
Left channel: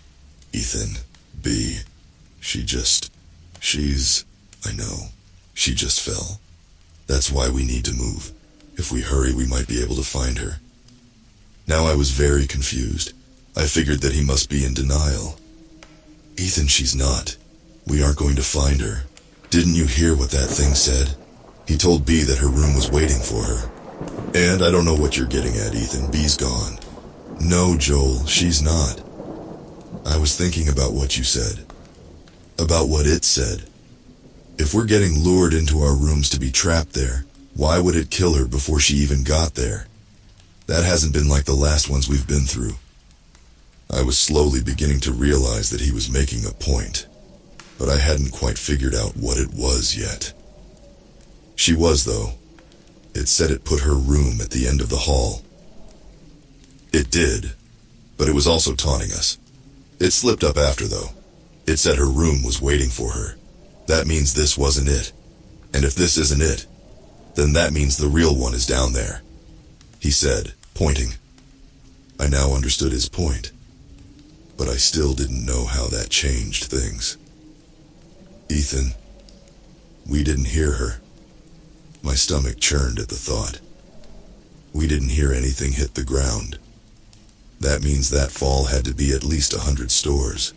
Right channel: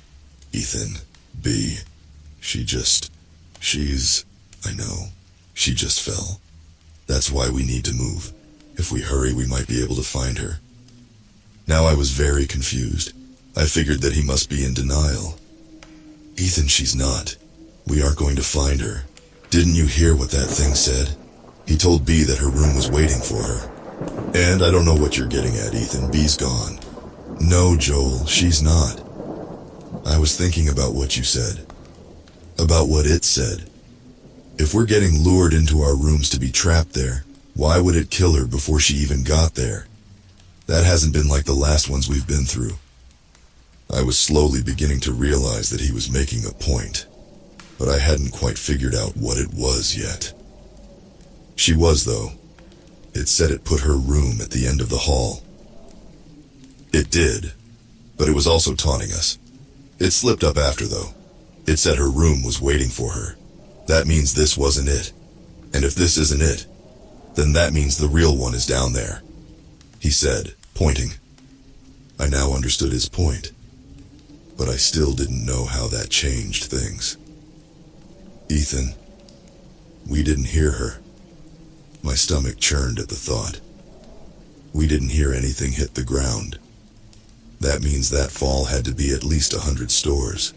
"Ethan, B, I know. She just fell. That's why we need to move. If we hurry, we might be able to find her." Now I was very confused. I figured that he must be in denial. "Ethan, she's not. We aren't going to find her. Didn't you hear what that thing said? He told B that her room was waiting for her. And I don't know what you're getting at, Ethan. B's gone." "No, Joel, she's not. I was thinking about what you said. About what it said. If we're getting lured into our rooms to be trapped there, Why would it kill her before she even got there? That hasn't been like the last ones we've been through. I was slowly beginning to realize that he was making a point, but I hadn't quite figured out what it was yet. She was, though. It said it put her room at the end of the hall. It did, but it was also taunting us. It slipped up after, though. It said her room was waiting for her. That means this wasn't it. And if this isn't it, then that means the real one is down there, he said, pointing. I now understood his point, but I still didn't know how that changed things. Ethan, we didn't hear her. My stomach churned at the thought. We didn't hear anything hit the ground. That means that fall had to be at least 100 stores.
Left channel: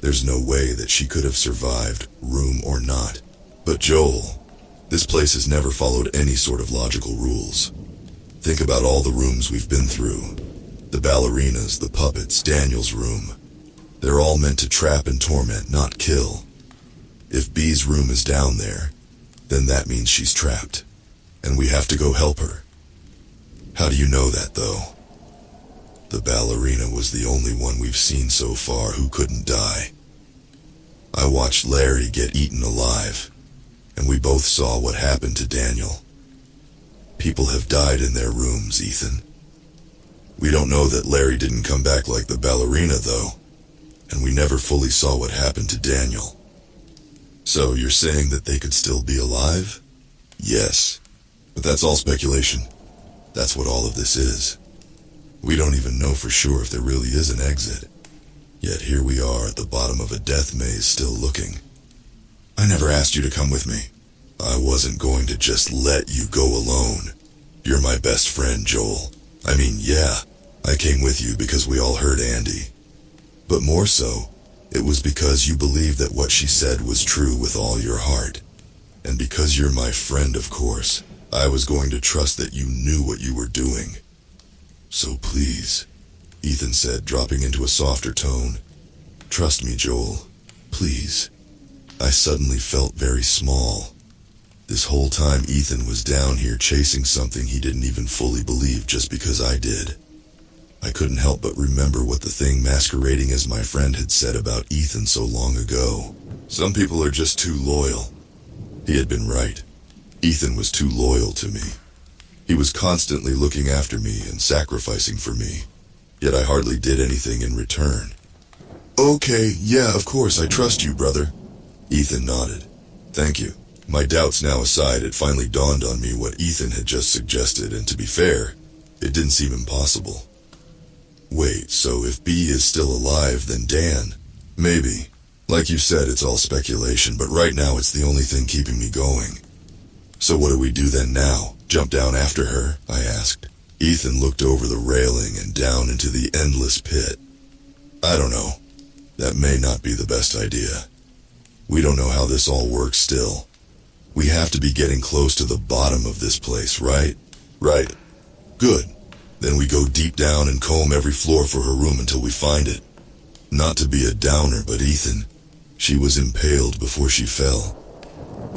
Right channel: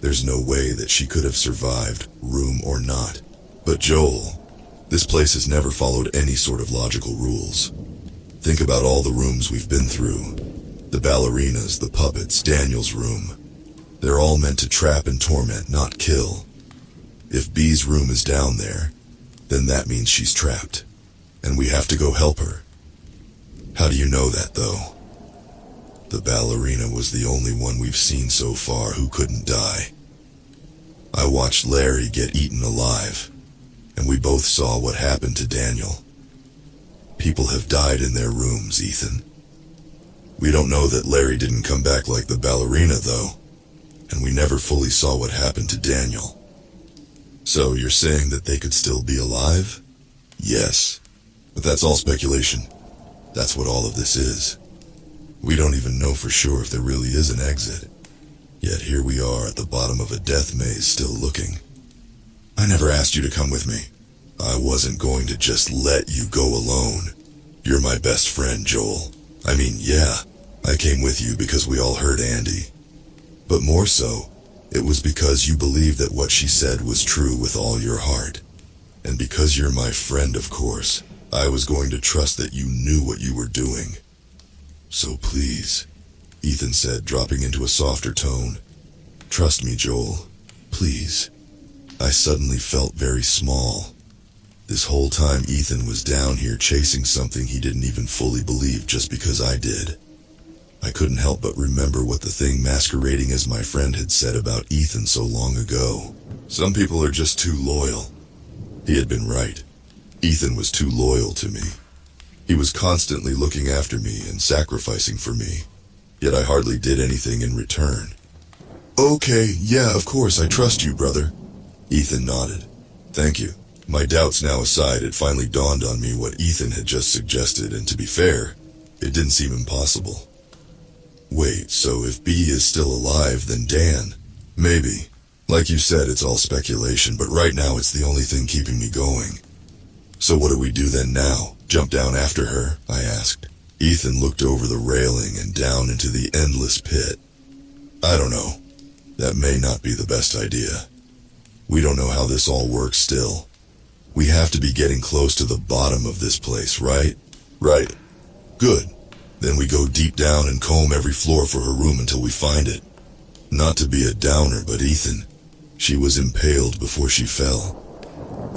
There's no way that she could have survived, room or not. But Joel, this place has never followed any sort of logical rules. Think about all the rooms we've been through. The ballerinas, the puppets, Daniel's room. They're all meant to trap and torment, not kill. If B's room is down there, then that means she's trapped, and we have to go help her. How do you know that, though? The ballerina was the only one we've seen so far who couldn't die. I watched Larry get eaten alive, and we both saw what happened to Daniel. People have died in their rooms, Ethan. We don't know that Larry didn't come back like the ballerina, though, and we never fully saw what happened to Daniel. So you're saying that they could still be alive? Yes, but that's all speculation. That's what all of this is. We don't even know for sure if there really is an exit. Yet here we are at the bottom of a death maze still looking. I never asked you to come with me. I wasn't going to just let you go alone. You're my best friend, Joel. I mean, yeah, I came with you because we all heard Andy. But more so, it was because you believed that what she said was true with all your heart. And because you're my friend, of course, I was going to trust that you knew what you were doing. So please, Ethan said, dropping into a softer tone. Trust me, Joel. Please. I suddenly felt very small. This whole time Ethan was down here chasing something he didn't even fully believe just because I did. I couldn't help but remember what the thing masquerading as my friend had said about Ethan so long ago. Some people are just too loyal. He had been right. Ethan was too loyal to me. He was constantly looking after me and sacrificing for me, yet I hardly did anything in return. Okay, yeah, of course, I trust you, brother. Ethan nodded. Thank you. My doubts now aside, it finally dawned on me what Ethan had just suggested, and to be fair, it didn't seem impossible. Wait, so if B is still alive, then Dan? Maybe. Like you said, it's all speculation, but right now it's the only thing keeping me going. So what do we do then now? Jump down after her? I asked. Ethan looked over the railing and down into the endless pit. I don't know. That may not be the best idea. We don't know how this all works still. We have to be getting close to the bottom of this place, right? Right. Good. Then we go deep down and comb every floor for her room until we find it. Not to be a downer, but Ethan, she was impaled before she fell.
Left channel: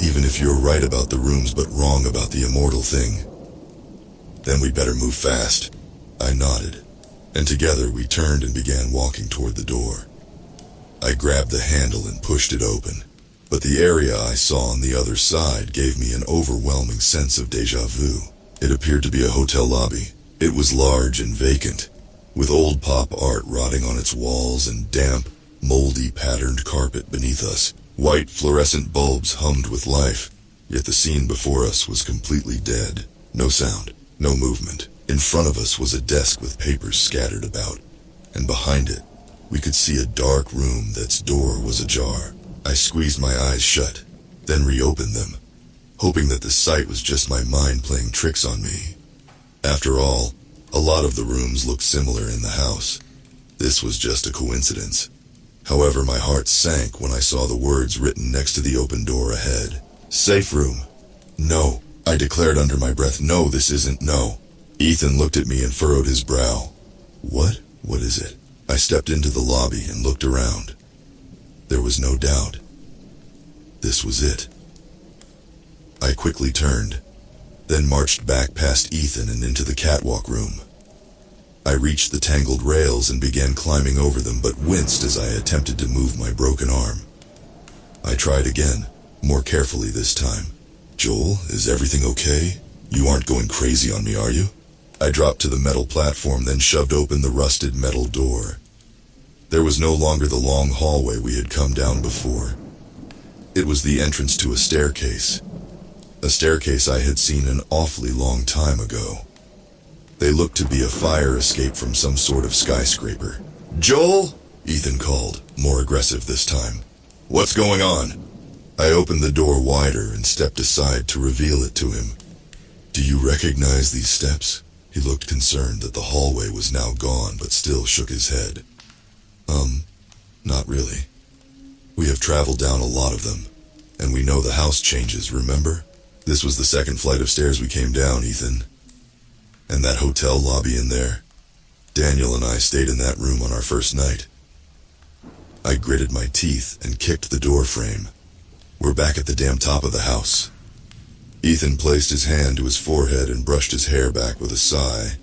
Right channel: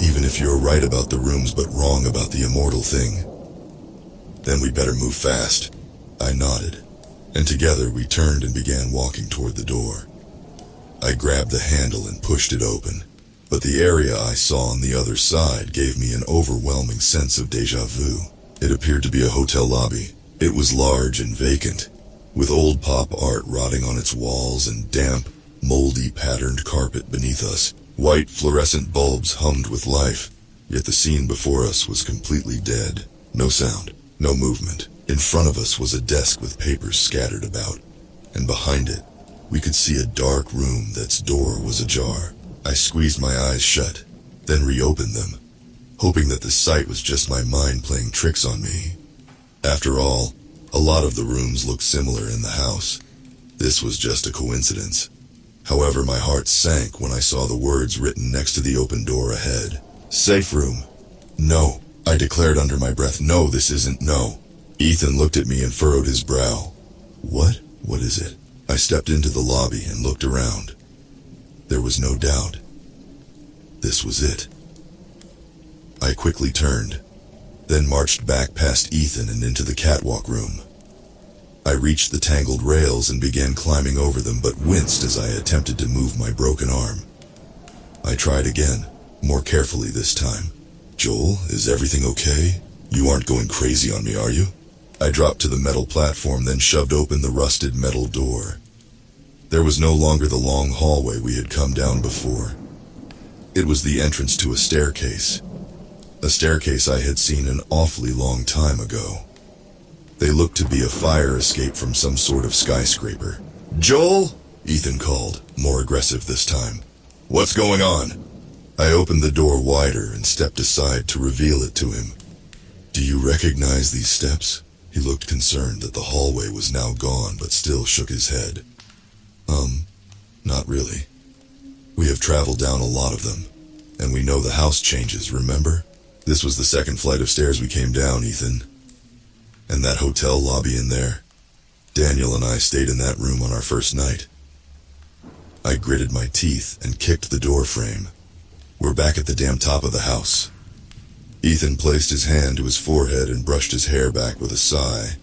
Even if you're right about the rooms but wrong about the immortal thing, then we better move fast. I nodded, and together we turned and began walking toward the door. I grabbed the handle and pushed it open, but the area I saw on the other side gave me an overwhelming sense of déjà vu. It appeared to be a hotel lobby. It was large and vacant, with old pop art rotting on its walls and damp, moldy patterned carpet beneath us. White fluorescent bulbs hummed with life, yet the scene before us was completely dead. No sound, no movement. In front of us was a desk with papers scattered about, and behind it, we could see a dark room that's door was ajar. I squeezed my eyes shut, then reopened them, hoping that the sight was just my mind playing tricks on me. After all, a lot of the rooms looked similar in the house. This was just a coincidence. However, my heart sank when I saw the words written next to the open door ahead. Safe room. No, I declared under my breath. No, this isn't. No. Ethan looked at me and furrowed his brow. What? What is it? I stepped into the lobby and looked around. There was no doubt. This was it. I quickly turned, then marched back past Ethan and into the catwalk room. I reached the tangled rails and began climbing over them, but winced as I attempted to move my broken arm. I tried again, more carefully this time. "Joel, is everything okay? You aren't going crazy on me, are you?" I dropped to the metal platform, then shoved open the rusted metal door. There was no longer the long hallway we had come down before. It was the entrance to a staircase I had seen an awfully long time ago. They looked to be a fire escape from some sort of skyscraper. "Joel?" Ethan called, more aggressive this time. "What's going on?" I opened the door wider and stepped aside to reveal it to him. "Do you recognize these steps?" He looked concerned that the hallway was now gone, but still shook his head. Not really. We have traveled down a lot of them, and we know the house changes, remember? This was the second flight of stairs we came down, Ethan. And that hotel lobby in there? Daniel and I stayed in that room on our first night." I gritted my teeth and kicked the door frame. "We're back at the damn top of the house." Ethan placed his hand to his forehead and brushed his hair back with a sigh.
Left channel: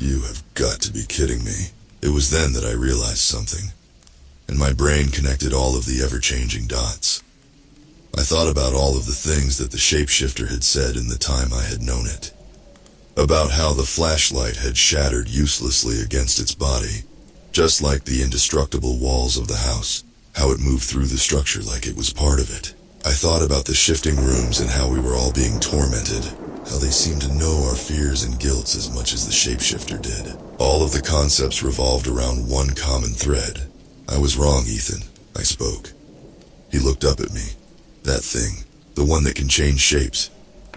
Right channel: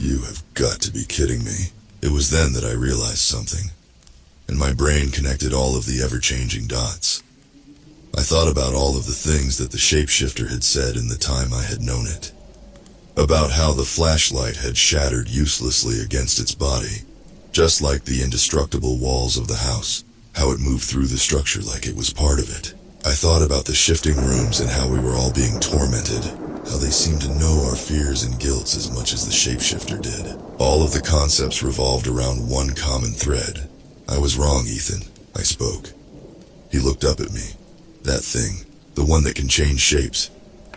"You have got to be kidding me." It was then that I realized something, and my brain connected all of the ever-changing dots. I thought about all of the things that the shapeshifter had said in the time I had known it. About how the flashlight had shattered uselessly against its body, just like the indestructible walls of the house, how it moved through the structure like it was part of it. I thought about the shifting rooms and how we were all being tormented, how they seemed to know our fears and guilts as much as the shapeshifter did. All of the concepts revolved around one common thread. "I was wrong, Ethan," I spoke. He looked up at me. "That thing, the one that can change shapes,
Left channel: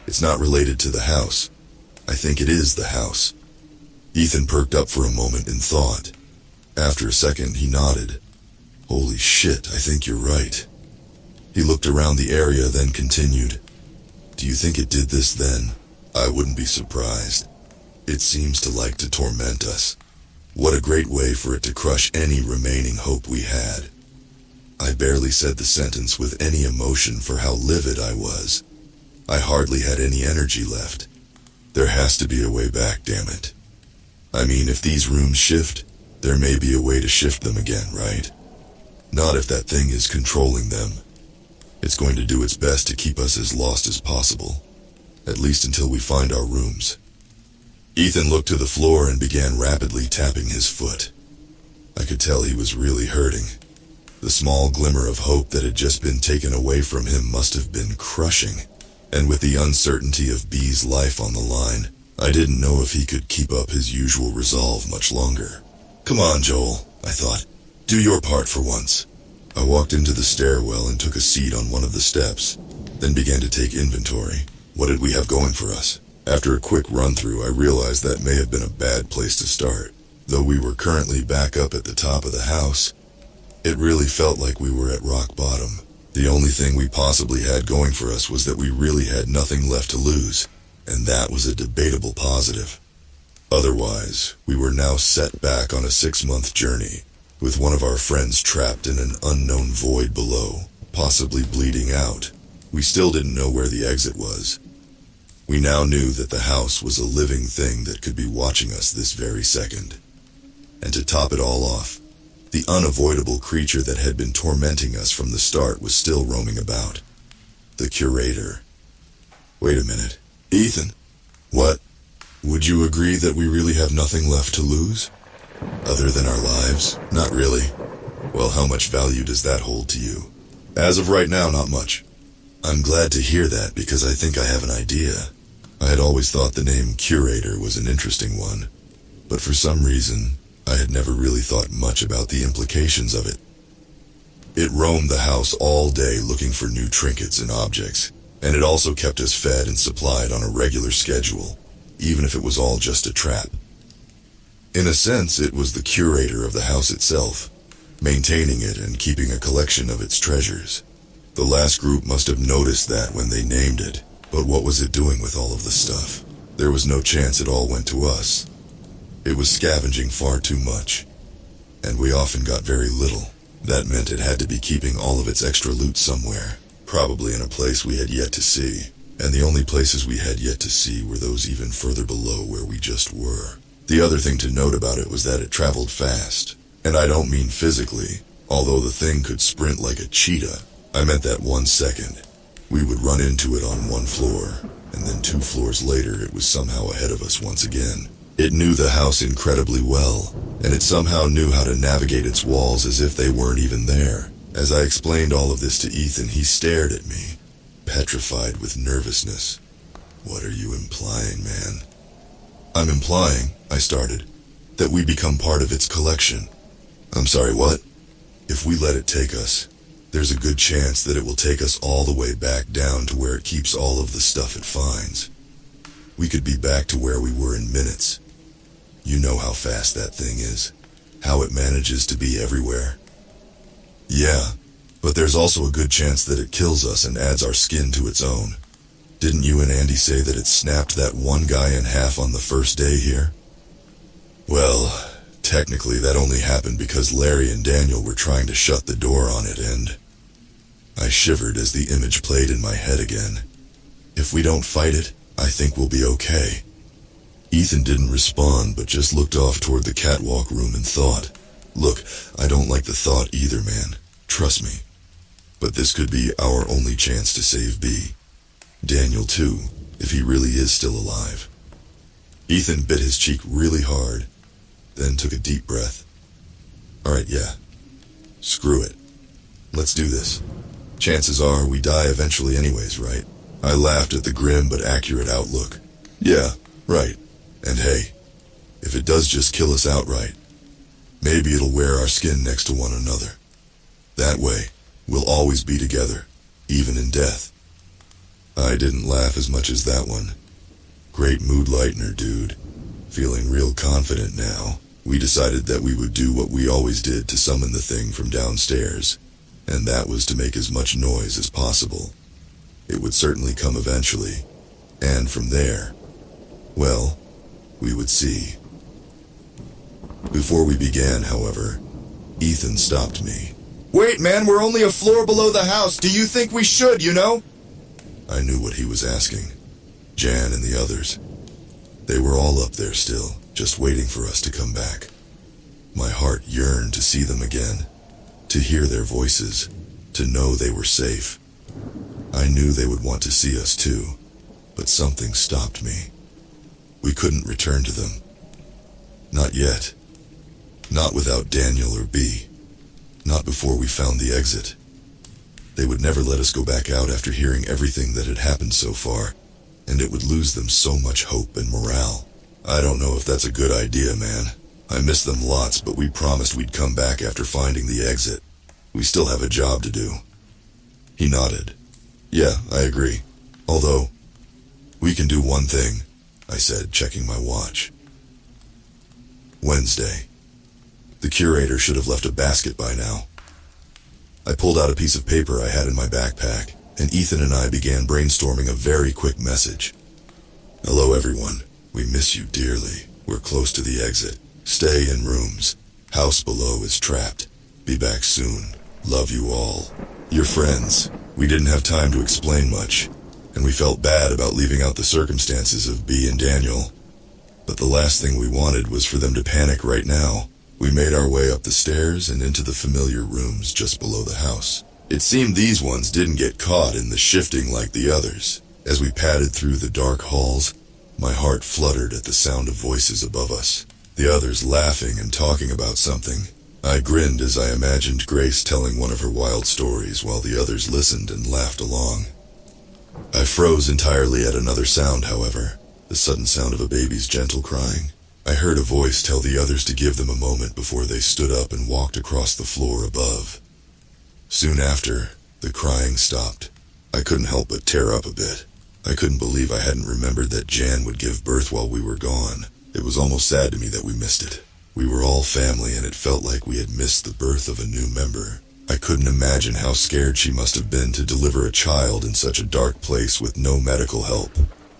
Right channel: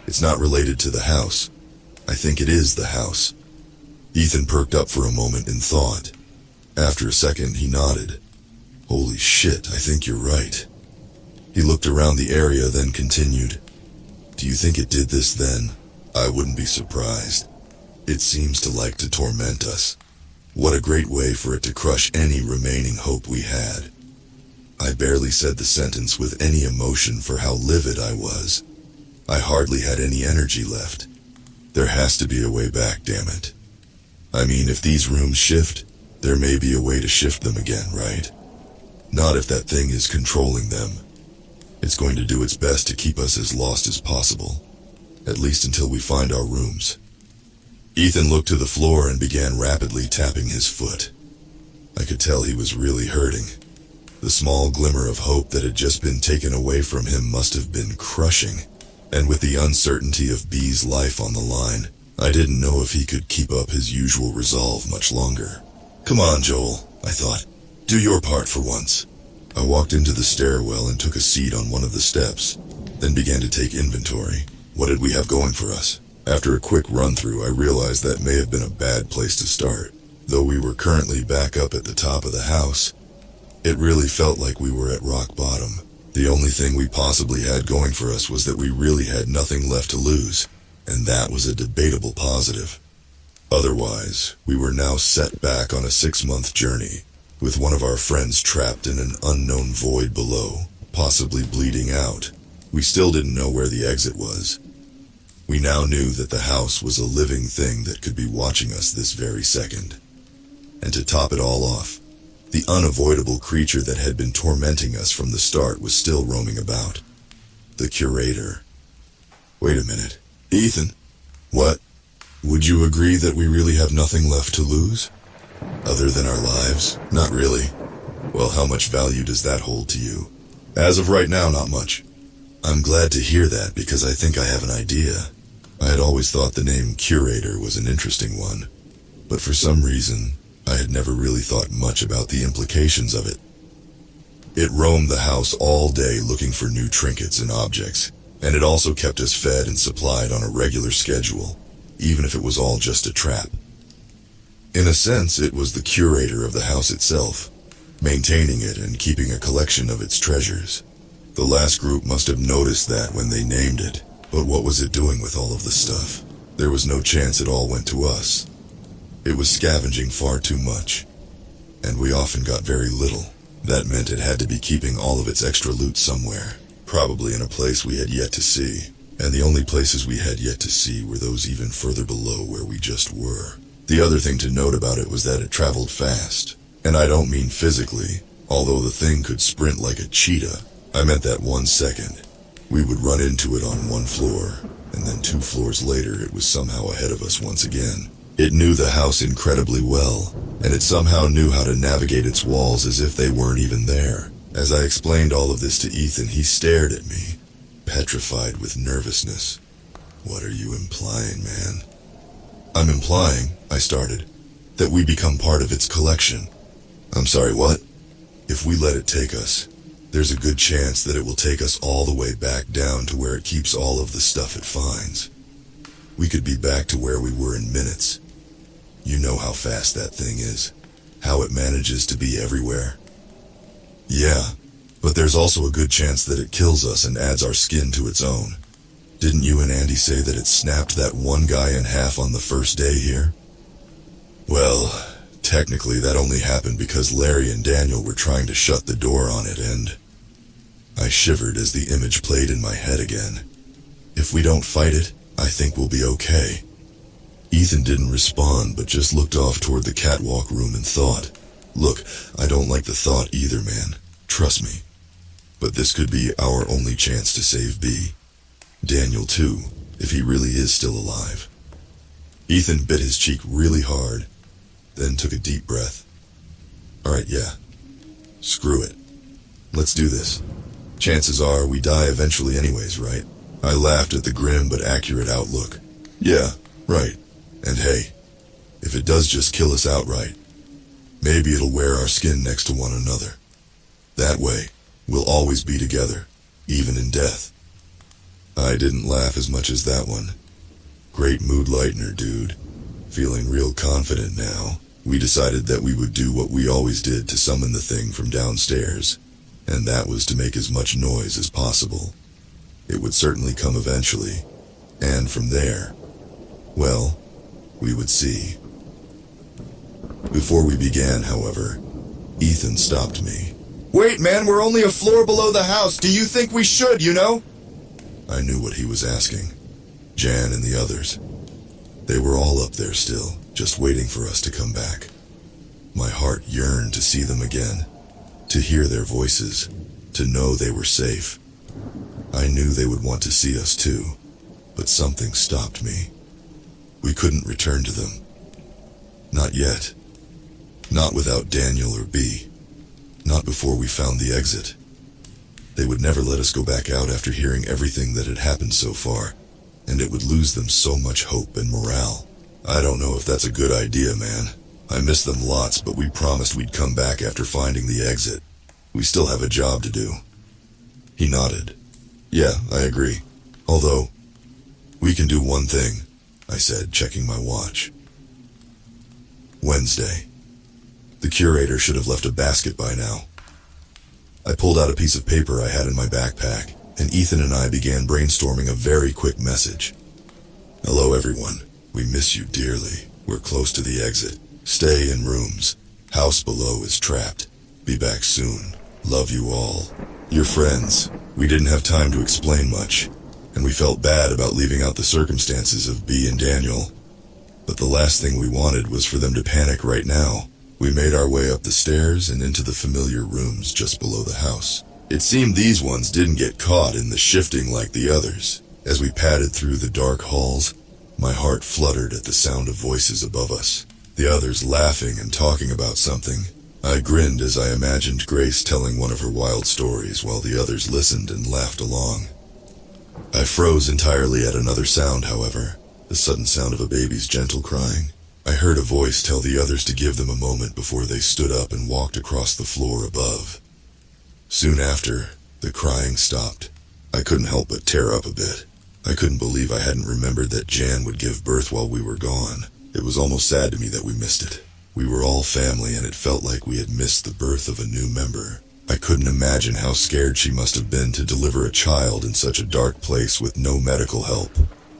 it's not related to the house. I think it is the house." Ethan perked up for a moment in thought. After a second, he nodded. "Holy shit, I think you're right." He looked around the area, then continued. "Do you think it did this then? I wouldn't be surprised. It seems to like to torment us. What a great way for it to crush any remaining hope we had." I barely said the sentence with any emotion for how livid I was. I hardly had any energy left. There has to be a way back, damn it. I mean, if these rooms shift, there may be a way to shift them again, right? Not if that thing is controlling them. It's going to do its best to keep us as lost as possible, at least until we find our rooms. Ethan looked to the floor and began rapidly tapping his foot. I could tell he was really hurting. The small glimmer of hope that had just been taken away from him must have been crushing, and with the uncertainty of B's life on the line, I didn't know if he could keep up his usual resolve much longer. "Come on, Joel," I thought. "Do your part for once." I walked into the stairwell and took a seat on one of the steps, then began to take inventory. What did we have going for us? After a quick run-through, I realized that may have been a bad place to start. Though we were currently back up at the top of the house, it really felt like we were at rock bottom. The only thing we possibly had going for us was that we really had nothing left to lose, and that was a debatable positive. Otherwise, we were now set back on a 6-month journey, with one of our friends trapped in an unknown void below, possibly bleeding out. We still didn't know where the exit was. We now knew that the house was a living thing that could be watching us this very second. And to top it all off, the unavoidable creature that had been tormenting us from the start was still roaming about. The curator. Wait a minute. Ethan. What? Would you agree that we really have nothing left to lose? Other than our lives? Not really. Well, how much value does that hold to you? As of right now, not much. I'm glad to hear that because I think I have an idea. I had always thought the name Curator was an interesting one, but for some reason, I had never really thought much about the implications of it. It roamed the house all day looking for new trinkets and objects, and it also kept us fed and supplied on a regular schedule, even if it was all just a trap. In a sense, it was the curator of the house itself, maintaining it and keeping a collection of its treasures. The last group must have noticed that when they named it, but what was it doing with all of the stuff? There was no chance it all went to us. It was scavenging far too much, and we often got very little. That meant it had to be keeping all of its extra loot somewhere, probably in a place we had yet to see. and the only places we had yet to see were those even further below where we just were. The other thing to note about it was that it traveled fast, and I don't mean physically, although the thing could sprint like a cheetah. I meant that 1 second. We would run into it on one floor, and then 2 floors later it was somehow ahead of us once again. It knew the house incredibly well, and it somehow knew how to navigate its walls as if they weren't even there. As I explained all of this to Ethan, he stared at me, petrified with nervousness. "What are you implying, man?" "I'm implying," I started, "that we become part of its collection." "I'm sorry, what?" "If we let it take us, there's a good chance that it will take us all the way back down to where it keeps all of the stuff it finds. We could be back to where we were in minutes. You know how fast that thing is, how it manages to be everywhere." "Yeah, but there's also a good chance that it kills us and adds our skin to its own. Didn't you and Andy say that it snapped that one guy in half on the first day here?" "Well, technically that only happened because Larry and Daniel were trying to shut the door on it, and..." I shivered as the image played in my head again. "If we don't fight it, I think we'll be okay." Ethan didn't respond, but just looked off toward the catwalk room and thought. "Look, I don't like the thought either, man. Trust me. But this could be our only chance to save B. Daniel too, if he really is still alive." Ethan bit his cheek really hard, then took a deep breath. "Alright, yeah. Screw it. Let's do this. Chances are we die eventually anyways, right?" I laughed at the grim but accurate outlook. "Yeah, right. And hey, if it does just kill us outright, maybe it'll wear our skin next to one another. That way, we'll always be together, even in death." I didn't laugh as much as that one. Great mood lightener, dude. Feeling real confident now, we decided that we would do what we always did to summon the thing from downstairs, and that was to make as much noise as possible. It would certainly come eventually, and from there, well, we would see. Before we began, however, Ethan stopped me. "Wait, man, we're only a floor below the house. Do you think we should, you know?" I knew what he was asking. Jan and the others. They were all up there still, just waiting for us to come back. My heart yearned to see them again, to hear their voices, to know they were safe. I knew they would want to see us too, but something stopped me. We couldn't return to them. Not yet. Not without Daniel or B. Not before we found the exit. They would never let us go back out after hearing everything that had happened so far, and it would lose them so much hope and morale. I don't know if that's a good idea, man. I miss them lots, but we promised we'd come back after finding the exit. We still have a job to do. He nodded. "Yeah, I agree. Although, we can do one thing," I said, checking my watch. Wednesday. The curator should have left a basket by now. I pulled out a piece of paper I had in my backpack, and Ethan and I began brainstorming a very quick message. "Hello, everyone. We miss you dearly. We're close to the exit. Stay in rooms. House below is trapped. Be back soon. Love you all. Your friends." We didn't have time to explain much, and we felt bad about leaving out the circumstances of B and Daniel. But the last thing we wanted was for them to panic right now. We made our way up the stairs and into the familiar rooms just below the house. It seemed these ones didn't get caught in the shifting like the others. As we padded through the dark halls, my heart fluttered at the sound of voices above us, the others laughing and talking about something. I grinned as I imagined Grace telling one of her wild stories while the others listened and laughed along. I froze entirely at another sound, however, the sudden sound of a baby's gentle crying. I heard a voice tell the others to give them a moment before they stood up and walked across the floor above. Soon after, the crying stopped. I couldn't help but tear up a bit. I couldn't believe I hadn't remembered that Jan would give birth while we were gone. It was almost sad to me that we missed it. We were all family, and it felt like we had missed the birth of a new member. I couldn't imagine how scared she must have been to deliver a child in such a dark place with no medical help.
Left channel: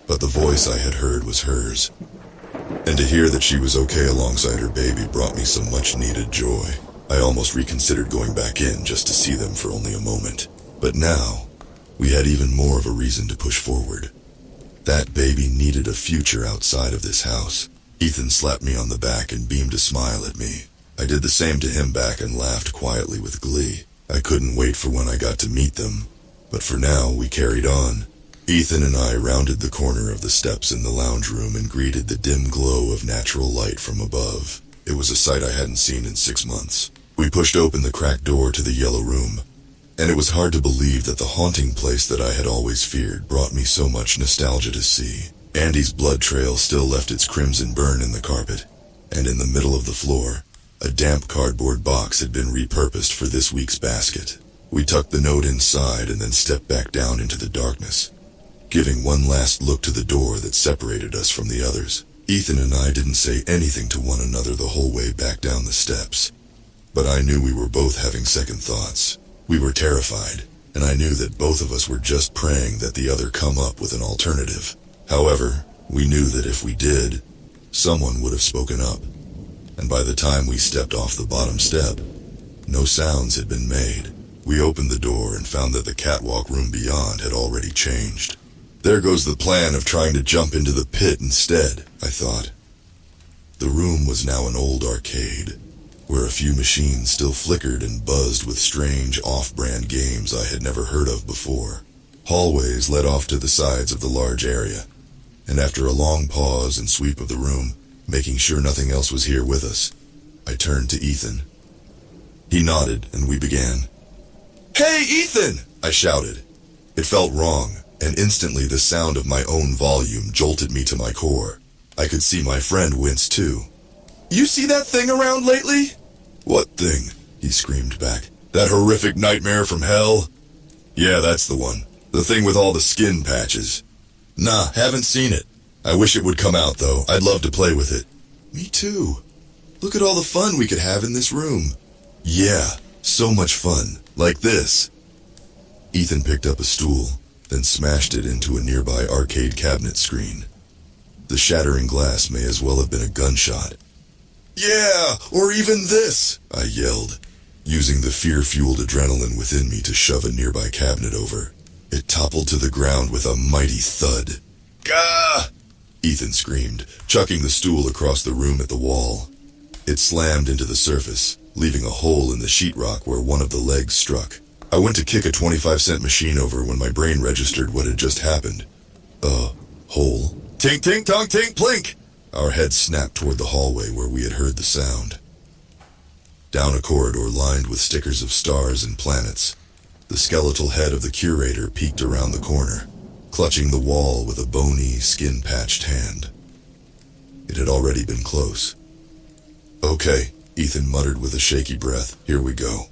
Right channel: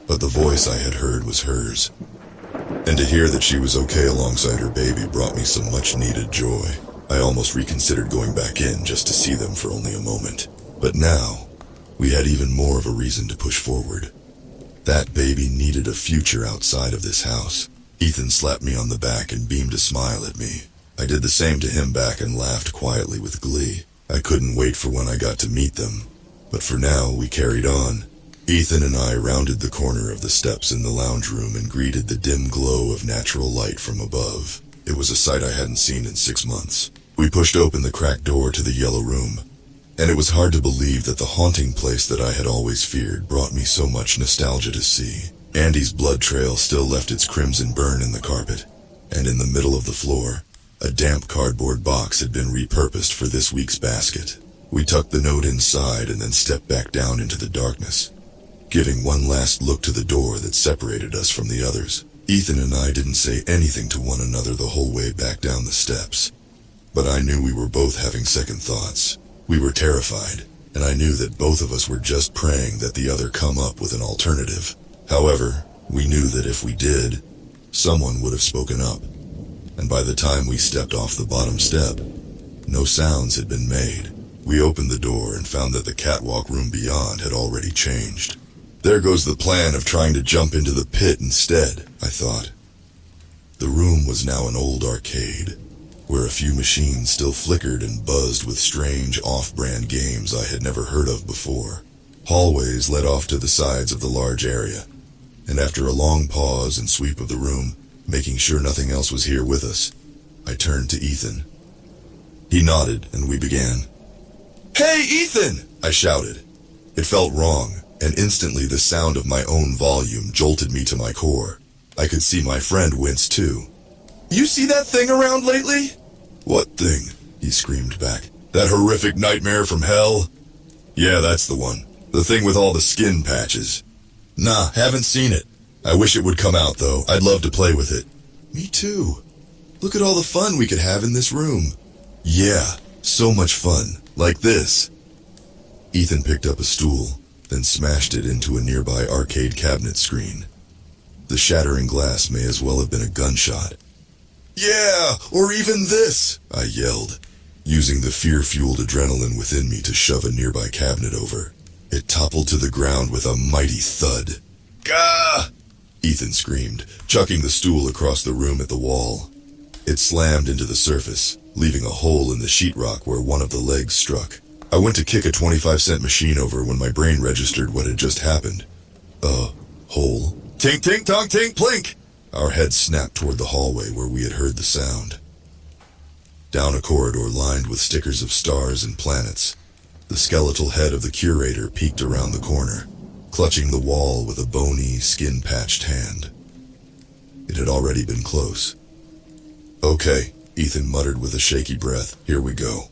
But the voice I had heard was hers. And to hear that she was okay alongside her baby brought me some much-needed joy. I almost reconsidered going back in just to see them for only a moment. But now, we had even more of a reason to push forward. That baby needed a future outside of this house. Ethan slapped me on the back and beamed a smile at me. I did the same to him back and laughed quietly with glee. I couldn't wait for when I got to meet them. But for now, we carried on. Ethan and I rounded the corner of the steps in the lounge room and greeted the dim glow of natural light from above. It was a sight I hadn't seen in 6 months. We pushed open the cracked door to the yellow room, and it was hard to believe that the haunting place that I had always feared brought me so much nostalgia to see. Andy's blood trail still left its crimson burn in the carpet, and in the middle of the floor, a damp cardboard box had been repurposed for this week's basket. We tucked the note inside and then stepped back down into the darkness, giving one last look to the door that separated us from the others. Ethan and I didn't say anything to one another the whole way back down the steps, but I knew we were both having second thoughts. We were terrified, and I knew that both of us were just praying that the other come up with an alternative. However, we knew that if we did, someone would have spoken up, and by the time we stepped off the bottom step, no sounds had been made. We opened the door and found that the catwalk room beyond had already changed. There goes the plan of trying to jump into the pit instead, I thought. The room was now an old arcade, where a few machines still flickered and buzzed with strange off-brand games I had never heard of before. Hallways led off to the sides of the large area, and after a long pause and sweep of the room, making sure nothing else was here with us, I turned to Ethan. He nodded, and we began. "Hey, Ethan!" I shouted. It felt wrong, and instantly the sound of my own volume jolted me to my core. I could see my friend wince too. "You see that thing around lately?" "What thing?" he screamed back. "That horrific nightmare from hell?" "Yeah, that's the one. The thing with all the skin patches." "Nah, haven't seen it. I wish it would come out, though. I'd love to play with it." "Me too. Look at all the fun we could have in this room." "Yeah, so much fun. Like this." Ethan picked up a stool, then smashed it into a nearby arcade cabinet screen. The shattering glass may as well have been a gunshot. "Yeah, or even this," I yelled, using the fear-fueled adrenaline within me to shove a nearby cabinet over. It toppled to the ground with a mighty thud. "Gah!" Ethan screamed, chucking the stool across the room at the wall. It slammed into the surface, leaving a hole in the sheetrock where one of the legs struck. I went to kick a 25-cent machine over when my brain registered what had just happened. Hole. Tink, tink, tong, tink, plink! Our heads snapped toward the hallway where we had heard the sound. Down a corridor lined with stickers of stars and planets, the skeletal head of the curator peeked around the corner, clutching the wall with a bony, skin-patched hand. It had already been close. "Okay," Ethan muttered with a shaky breath. "Here we go."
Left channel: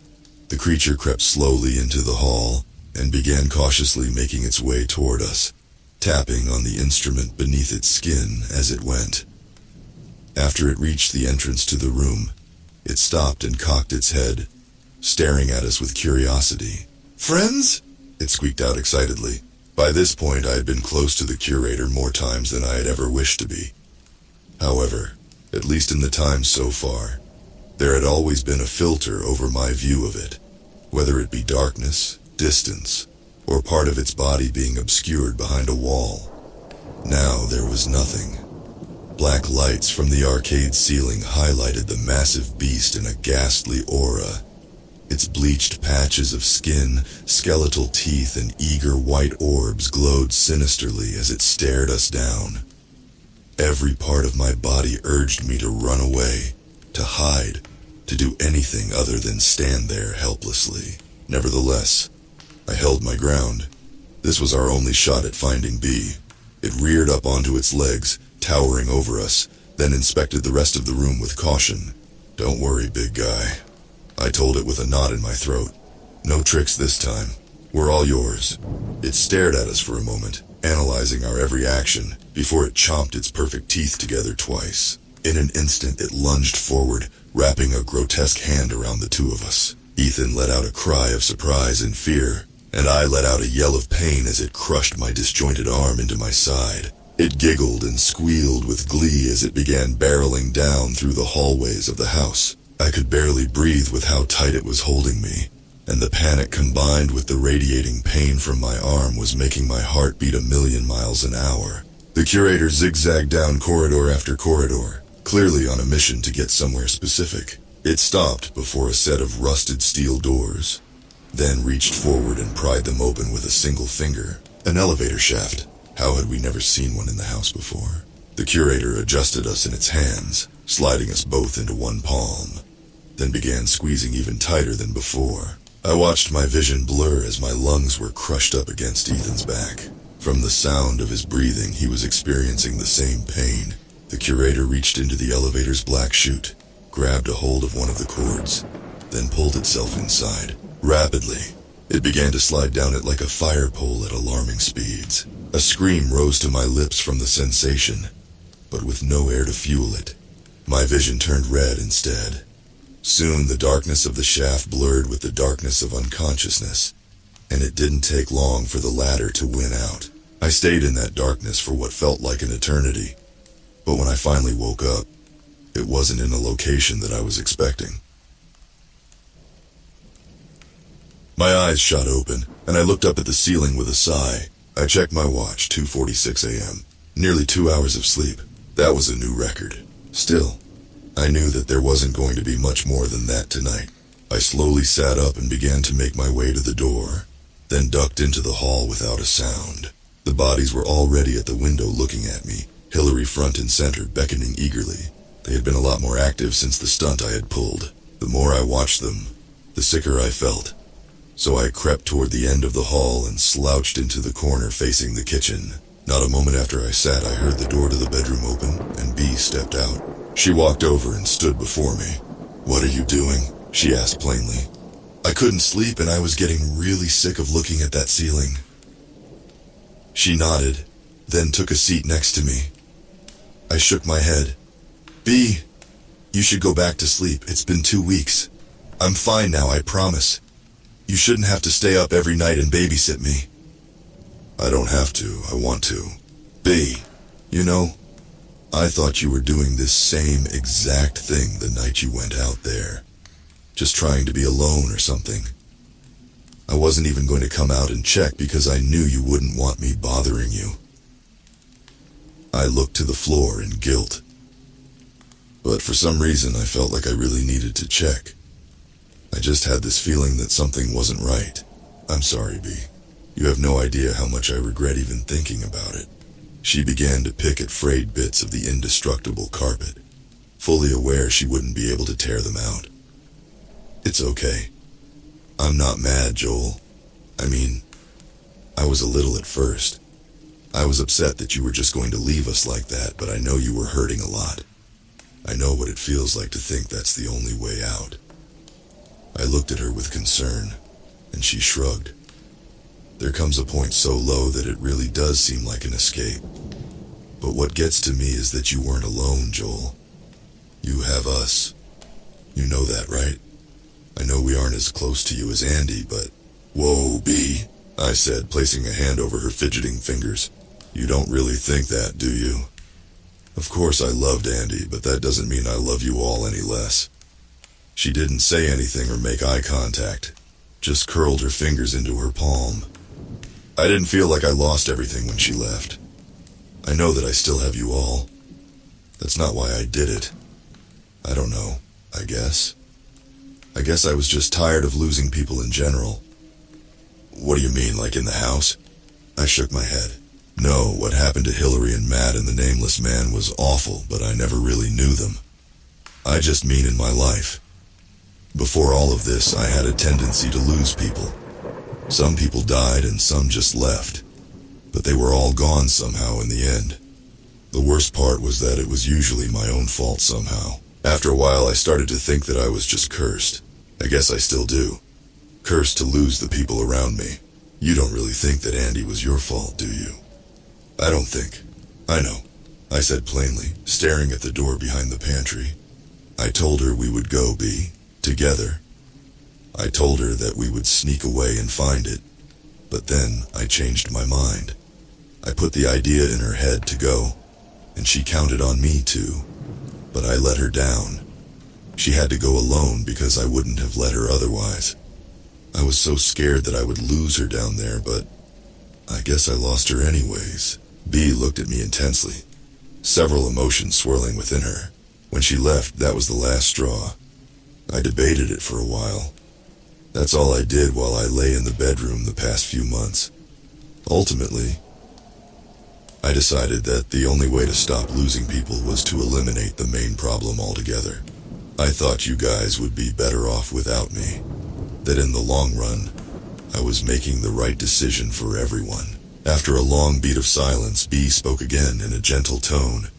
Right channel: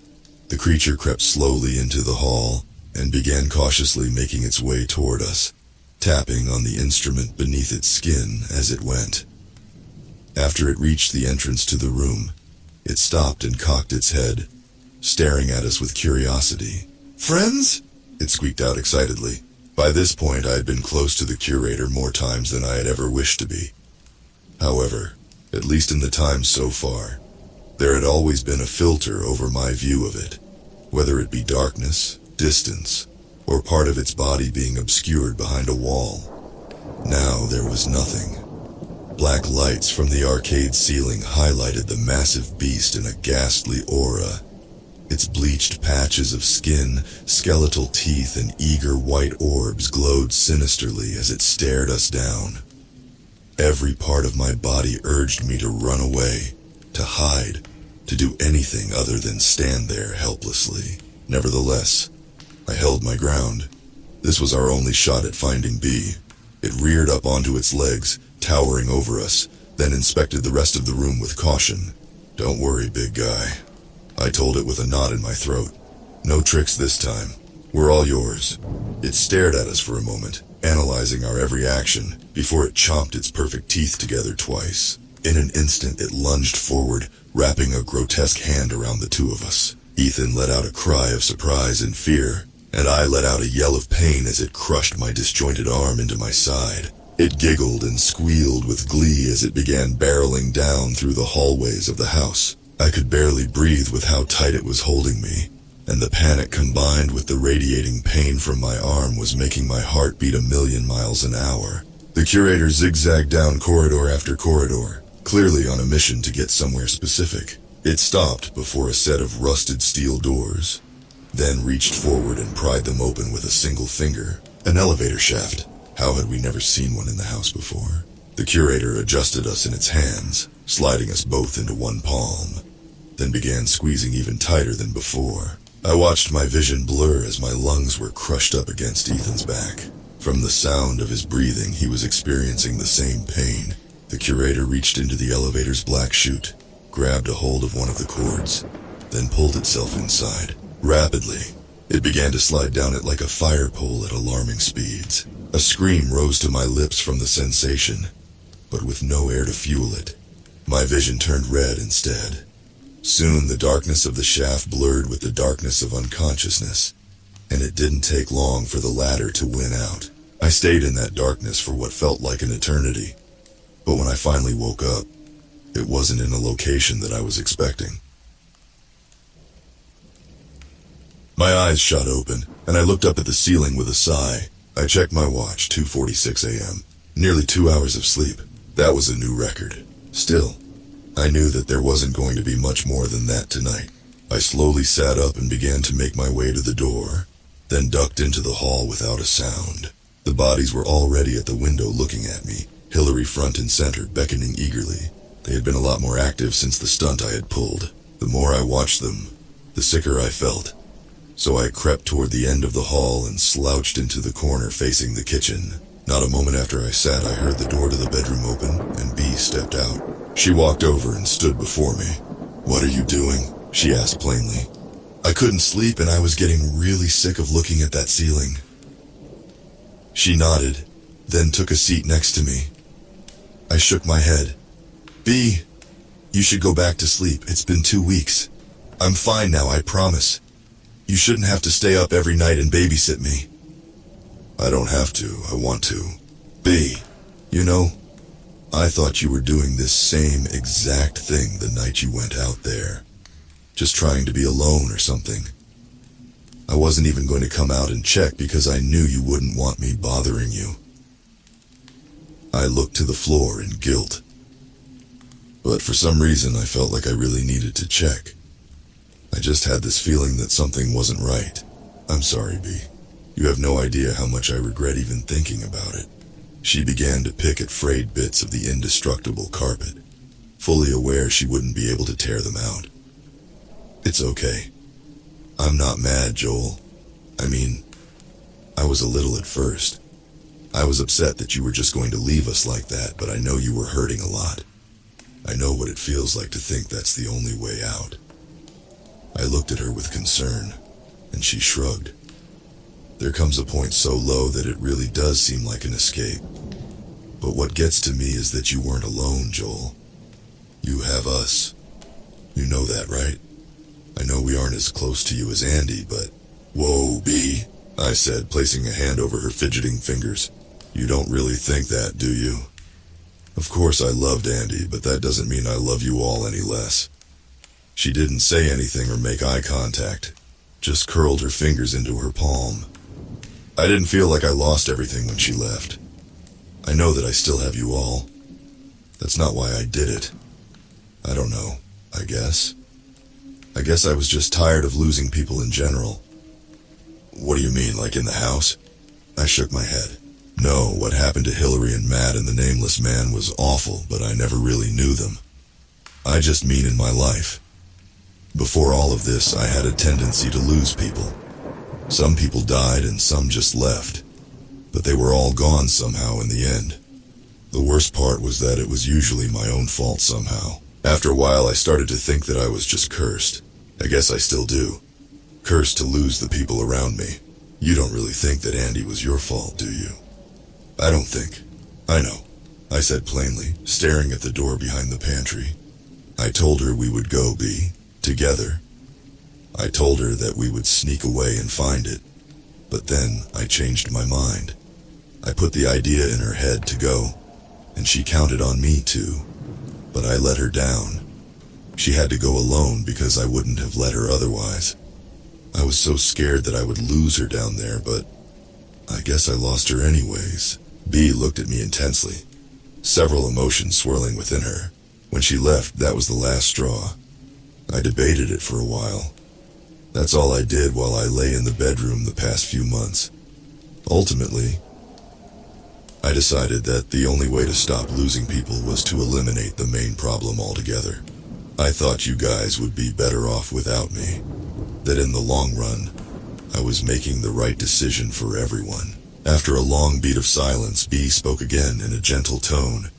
The creature crept slowly into the hall and began cautiously making its way toward us, tapping on the instrument beneath its skin as it went. After it reached the entrance to the room, it stopped and cocked its head, staring at us with curiosity. "Friends?" it squeaked out excitedly. By this point, I had been close to the curator more times than I had ever wished to be. However, at least in the time so far, there had always been a filter over my view of it, whether it be darkness, distance, or part of its body being obscured behind a wall. Now there was nothing. Black lights from the arcade ceiling highlighted the massive beast in a ghastly aura. Its bleached patches of skin, skeletal teeth, and eager white orbs glowed sinisterly as it stared us down. Every part of my body urged me to run away, to hide, to do anything other than stand there helplessly. Nevertheless, I held my ground. This was our only shot at finding B. It reared up onto its legs, towering over us, then inspected the rest of the room with caution. "Don't worry, big guy," I told it with a knot in my throat. "No tricks this time. We're all yours." It stared at us for a moment, analyzing our every action, before it chomped its perfect teeth together twice. In an instant, it lunged forward, wrapping a grotesque hand around the two of us. Ethan let out a cry of surprise and fear, and I let out a yell of pain as it crushed my disjointed arm into my side. It giggled and squealed with glee as it began barreling down through the hallways of the house. I could barely breathe with how tight it was holding me, and the panic combined with the radiating pain from my arm was making my heart beat 1,000,000 miles an hour. The curator zigzagged down corridor after corridor, clearly on a mission to get somewhere specific. It stopped before a set of rusted steel doors, then reached forward and pried them open with a single finger. An elevator shaft. How had we never seen one in the house before? The curator adjusted us in its hands, sliding us both into one palm, then began squeezing even tighter than before. I watched my vision blur as my lungs were crushed up against Ethan's back. From the sound of his breathing, he was experiencing the same pain. The curator reached into the elevator's black chute, grabbed a hold of one of the cords, then pulled itself inside. Rapidly, it began to slide down it like a fire pole at alarming speeds. A scream rose to my lips from the sensation, but with no air to fuel it. My vision turned red instead. Soon the darkness of the shaft blurred with the darkness of unconsciousness, and it didn't take long for the latter to win out. I stayed in that darkness for what felt like an eternity, but when I finally woke up, it wasn't in a location that I was expecting. My eyes shot open, and I looked up at the ceiling with a sigh. I checked my watch, 2:46 a.m. Nearly 2 hours of sleep. That was a new record. Still, I knew that there wasn't going to be much more than that tonight. I slowly sat up and began to make my way to the door, then ducked into the hall without a sound. The bodies were already at the window looking at me, Hillary front and center, beckoning eagerly. They had been a lot more active since the stunt I had pulled. The more I watched them, the sicker I felt. So I crept toward the end of the hall and slouched into the corner facing the kitchen. Not a moment after I sat, I heard the door to the bedroom open, and Bee stepped out. She walked over and stood before me. "What are you doing?" she asked plainly. I couldn't sleep and I was getting really sick of looking at that ceiling. She nodded, then took a seat next to me. I shook my head. "Bee, you should go back to sleep. It's been 2 weeks. I'm fine now, I promise. You shouldn't have to stay up every night and babysit me." "I don't have to, I want to." "Bee, you know, I thought you were doing this same exact thing the night you went out there. Just trying to be alone or something. I wasn't even going to come out and check because I knew you wouldn't want me bothering you." I looked to the floor in guilt. But for some reason I felt like I really needed to check. I just had this feeling that something wasn't right. "I'm sorry, Bee. You have no idea how much I regret even thinking about it." She began to pick at frayed bits of the indestructible carpet, fully aware she wouldn't be able to tear them out. "It's okay. I'm not mad, Joel. I mean, I was a little at first. I was upset that you were just going to leave us like that, but I know you were hurting a lot. I know what it feels like to think that's the only way out." I looked at her with concern, and she shrugged. "There comes a point so low that it really does seem like an escape. But what gets to me is that you weren't alone, Joel. You have us. You know that, right? I know we aren't as close to you as Andy, but..." "Whoa, Bee," I said, placing a hand over her fidgeting fingers. "You don't really think that, do you? Of course I loved Andy, but that doesn't mean I love you all any less." She didn't say anything or make eye contact, just curled her fingers into her palm. I didn't feel like I lost everything when she left. I know that I still have you all. That's not why I did it. I don't know, I guess. I guess I was just tired of losing people in general. "What do you mean, like in the house?" I shook my head. "No, what happened to Hillary and Matt and the nameless man was awful, but I never really knew them. I just mean in my life. Before all of this, I had a tendency to lose people. Some people died and some just left, but they were all gone somehow in the end. The worst part was that it was usually my own fault somehow. After a while, I started to think that I was just cursed. I guess I still do. Cursed to lose the people around me. You don't really think that Andy was your fault, do you?" "I don't think. I know," I said plainly, staring at the door behind the pantry. "I told her we would go, Bee. Together. I told her that we would sneak away and find it, but then I changed my mind. I put the idea in her head to go, and she counted on me too, but I let her down. She had to go alone because I wouldn't have let her otherwise. I was so scared that I would lose her down there, but I guess I lost her anyways. B looked at me intensely, several emotions swirling within her. When she left, that was the last straw. I debated it for a while. That's all I did while I lay in the bedroom the past few months. Ultimately, I decided that the only way to stop losing people was to eliminate the main problem altogether. I thought you guys would be better off without me. That in the long run, I was making the right decision for everyone. After a long beat of silence, B spoke again in a gentle tone.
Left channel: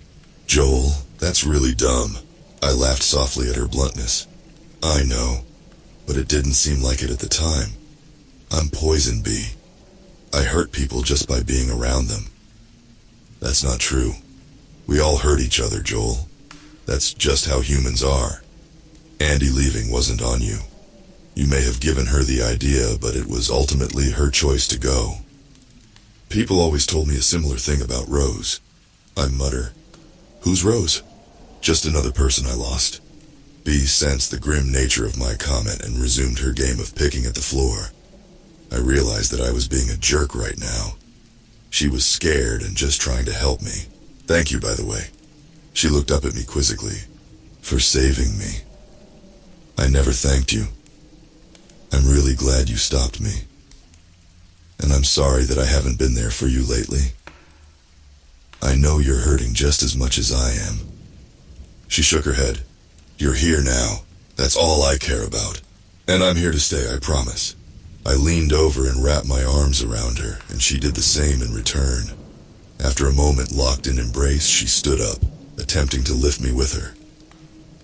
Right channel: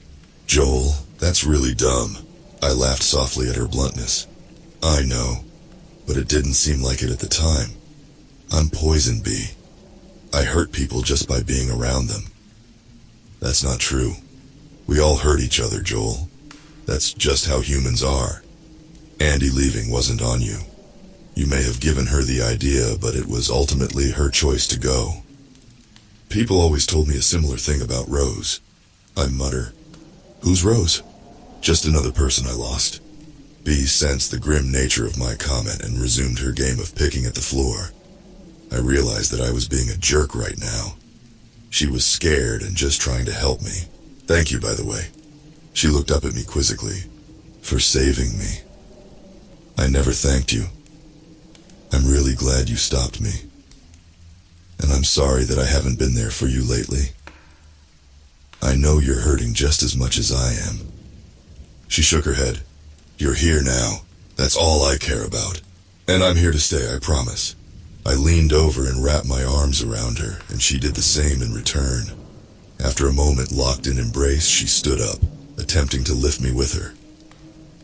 Joel, that's really dumb. I laughed softly at her bluntness. I know, but it didn't seem like it at the time. I'm poison, B. I hurt people just by being around them. That's not true. We all hurt each other, Joel. That's just how humans are. Andy leaving wasn't on you. You may have given her the idea, but it was ultimately her choice to go. People always told me a similar thing about Rose. I mutter. Who's Rose? Just another person I lost. B sensed the grim nature of my comment and resumed her game of picking at the floor. I realized that I was being a jerk right now. She was scared and just trying to help me. Thank you, by the way. She looked up at me quizzically. For saving me. I never thanked you. I'm really glad you stopped me. And I'm sorry that I haven't been there for you lately. I know you're hurting just as much as I am. She shook her head. You're here now. That's all I care about. And I'm here to stay, I promise. I leaned over and wrapped my arms around her, and she did the same in return. After a moment locked in embrace, she stood up, attempting to lift me with her.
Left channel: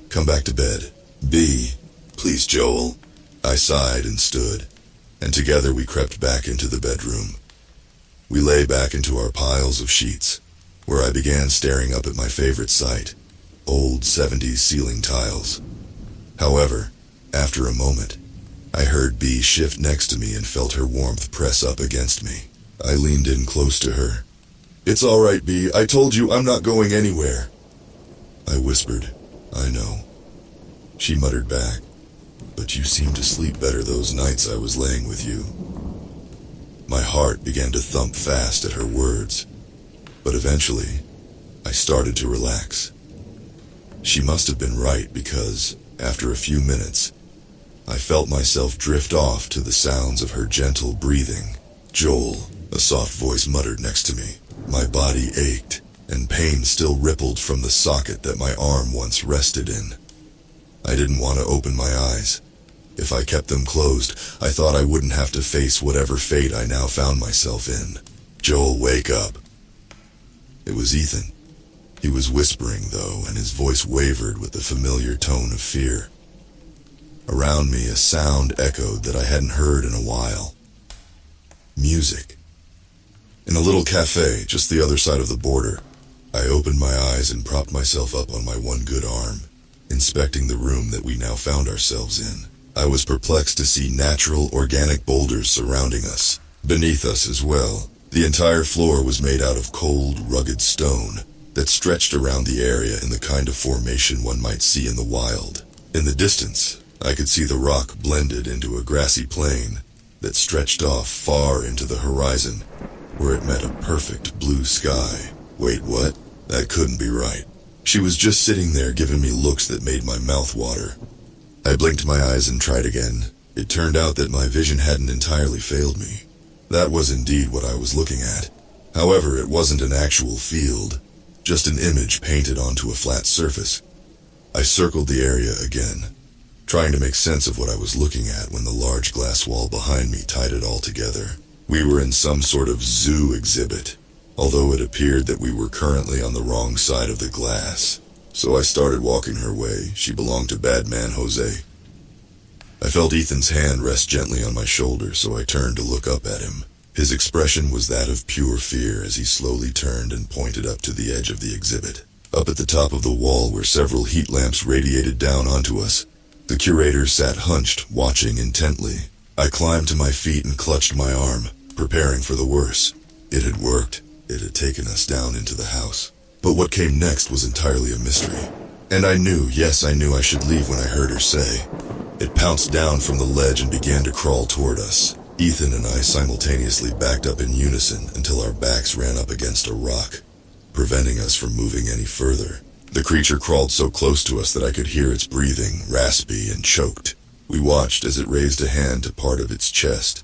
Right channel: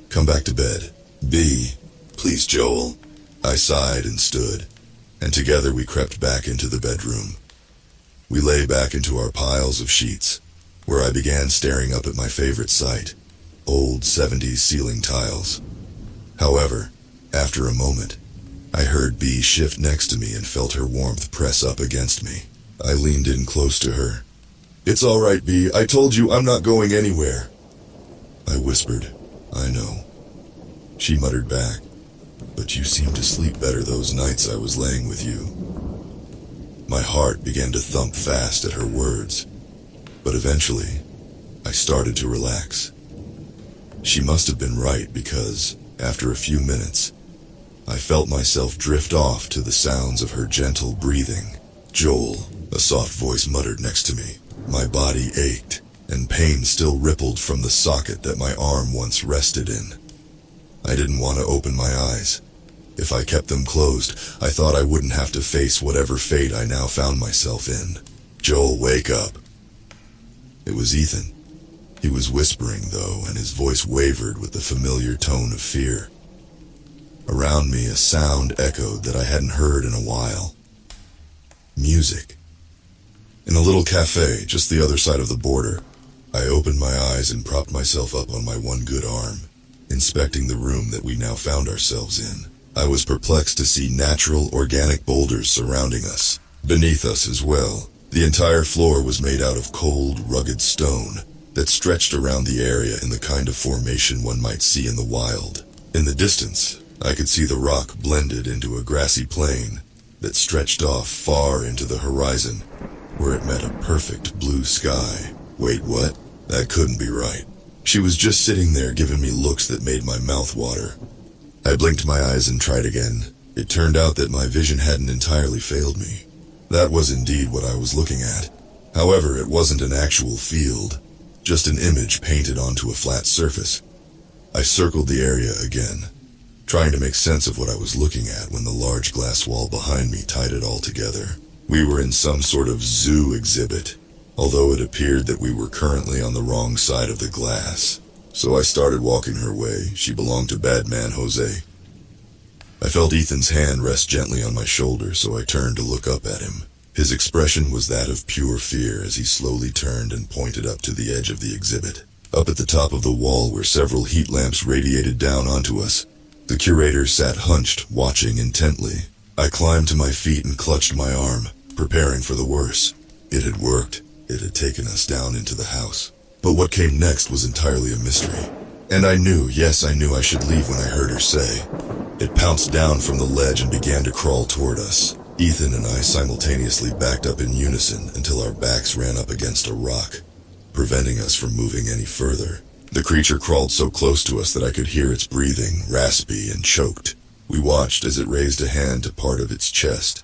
Come back to bed. B, please, Joel. I sighed and stood, and together we crept back into the bedroom. We lay back into our piles of sheets, where I began staring up at my favorite sight, old 70s ceiling tiles. However, after a moment, I heard B shift next to me and felt her warmth press up against me. I leaned in close to her. It's all right, B. I told you I'm not going anywhere. I whispered. I know. She muttered back. But you seemed to sleep better those nights I was laying with you. My heart began to thump fast at her words, but eventually, I started to relax. She must have been right because, after a few minutes, I felt myself drift off to the sounds of her gentle breathing. Joel, a soft voice muttered next to me. My body ached, and pain still rippled from the socket that my arm once rested in. I didn't want to open my eyes. If I kept them closed, I thought I wouldn't have to face whatever fate I now found myself in. Joel, wake up. It was Ethan. He was whispering, though, and his voice wavered with the familiar tone of fear. Around me, a sound echoed that I hadn't heard in a while. Music. In a little cafe just the other side of the border, I opened my eyes and propped myself up on my one good arm, inspecting the room that we now found ourselves in. I was perplexed to see natural, organic boulders surrounding us, beneath us as well. The entire floor was made out of cold, rugged stone that stretched around the area in the kind of formation one might see in the wild. In the distance, I could see the rock blended into a grassy plain that stretched off far into the horizon, where it met a perfect blue sky. Wait, what? That couldn't be right. She was just sitting there giving me looks that made my mouth water. I blinked my eyes and tried again. It turned out that my vision hadn't entirely failed me. That was indeed what I was looking at. However, it wasn't an actual field, just an image painted onto a flat surface. I circled the area again, trying to make sense of what I was looking at when the large glass wall behind me tied it all together. We were in some sort of zoo exhibit, although it appeared that we were currently on the wrong side of the glass. So I started walking her way. She belonged to Bad Man Jose. I felt Ethan's hand rest gently on my shoulder, so I turned to look up at him. His expression was that of pure fear as he slowly turned and pointed up to the edge of the exhibit. Up at the top of the wall where several heat lamps radiated down onto us, the curator sat hunched, watching intently. I climbed to my feet and clutched my arm, preparing for the worst. It had worked. It had taken us down into the house. But what came next was entirely a mystery. And I knew, yes, I knew I should leave when I heard her say. It pounced down from the ledge and began to crawl toward us. Ethan and I simultaneously backed up in unison until our backs ran up against a rock, preventing us from moving any further. The creature crawled so close to us that I could hear its breathing, raspy and choked. We watched as it raised a hand to part of its chest,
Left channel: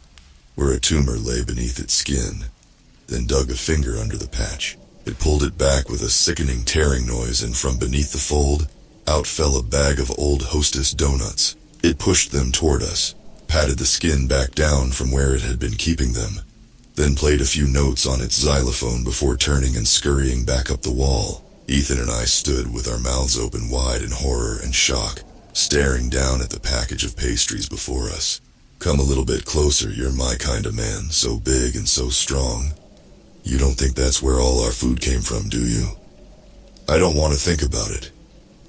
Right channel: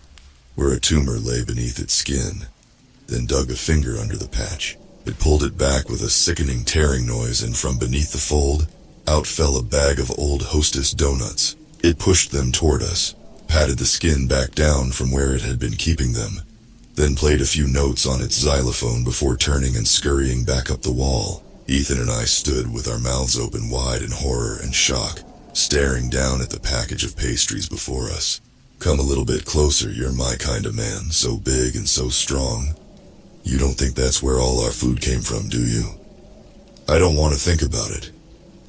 where a tumor lay beneath its skin, then dug a finger under the patch. It pulled it back with a sickening tearing noise, and from beneath the fold, out fell a bag of old Hostess donuts. It pushed them toward us, patted the skin back down from where it had been keeping them, then played a few notes on its xylophone before turning and scurrying back up the wall. Ethan and I stood with our mouths open wide in horror and shock, staring down at the package of pastries before us. Come a little bit closer, you're my kind of man, so big and so strong. You don't think that's where all our food came from, do you? I don't want to think about it.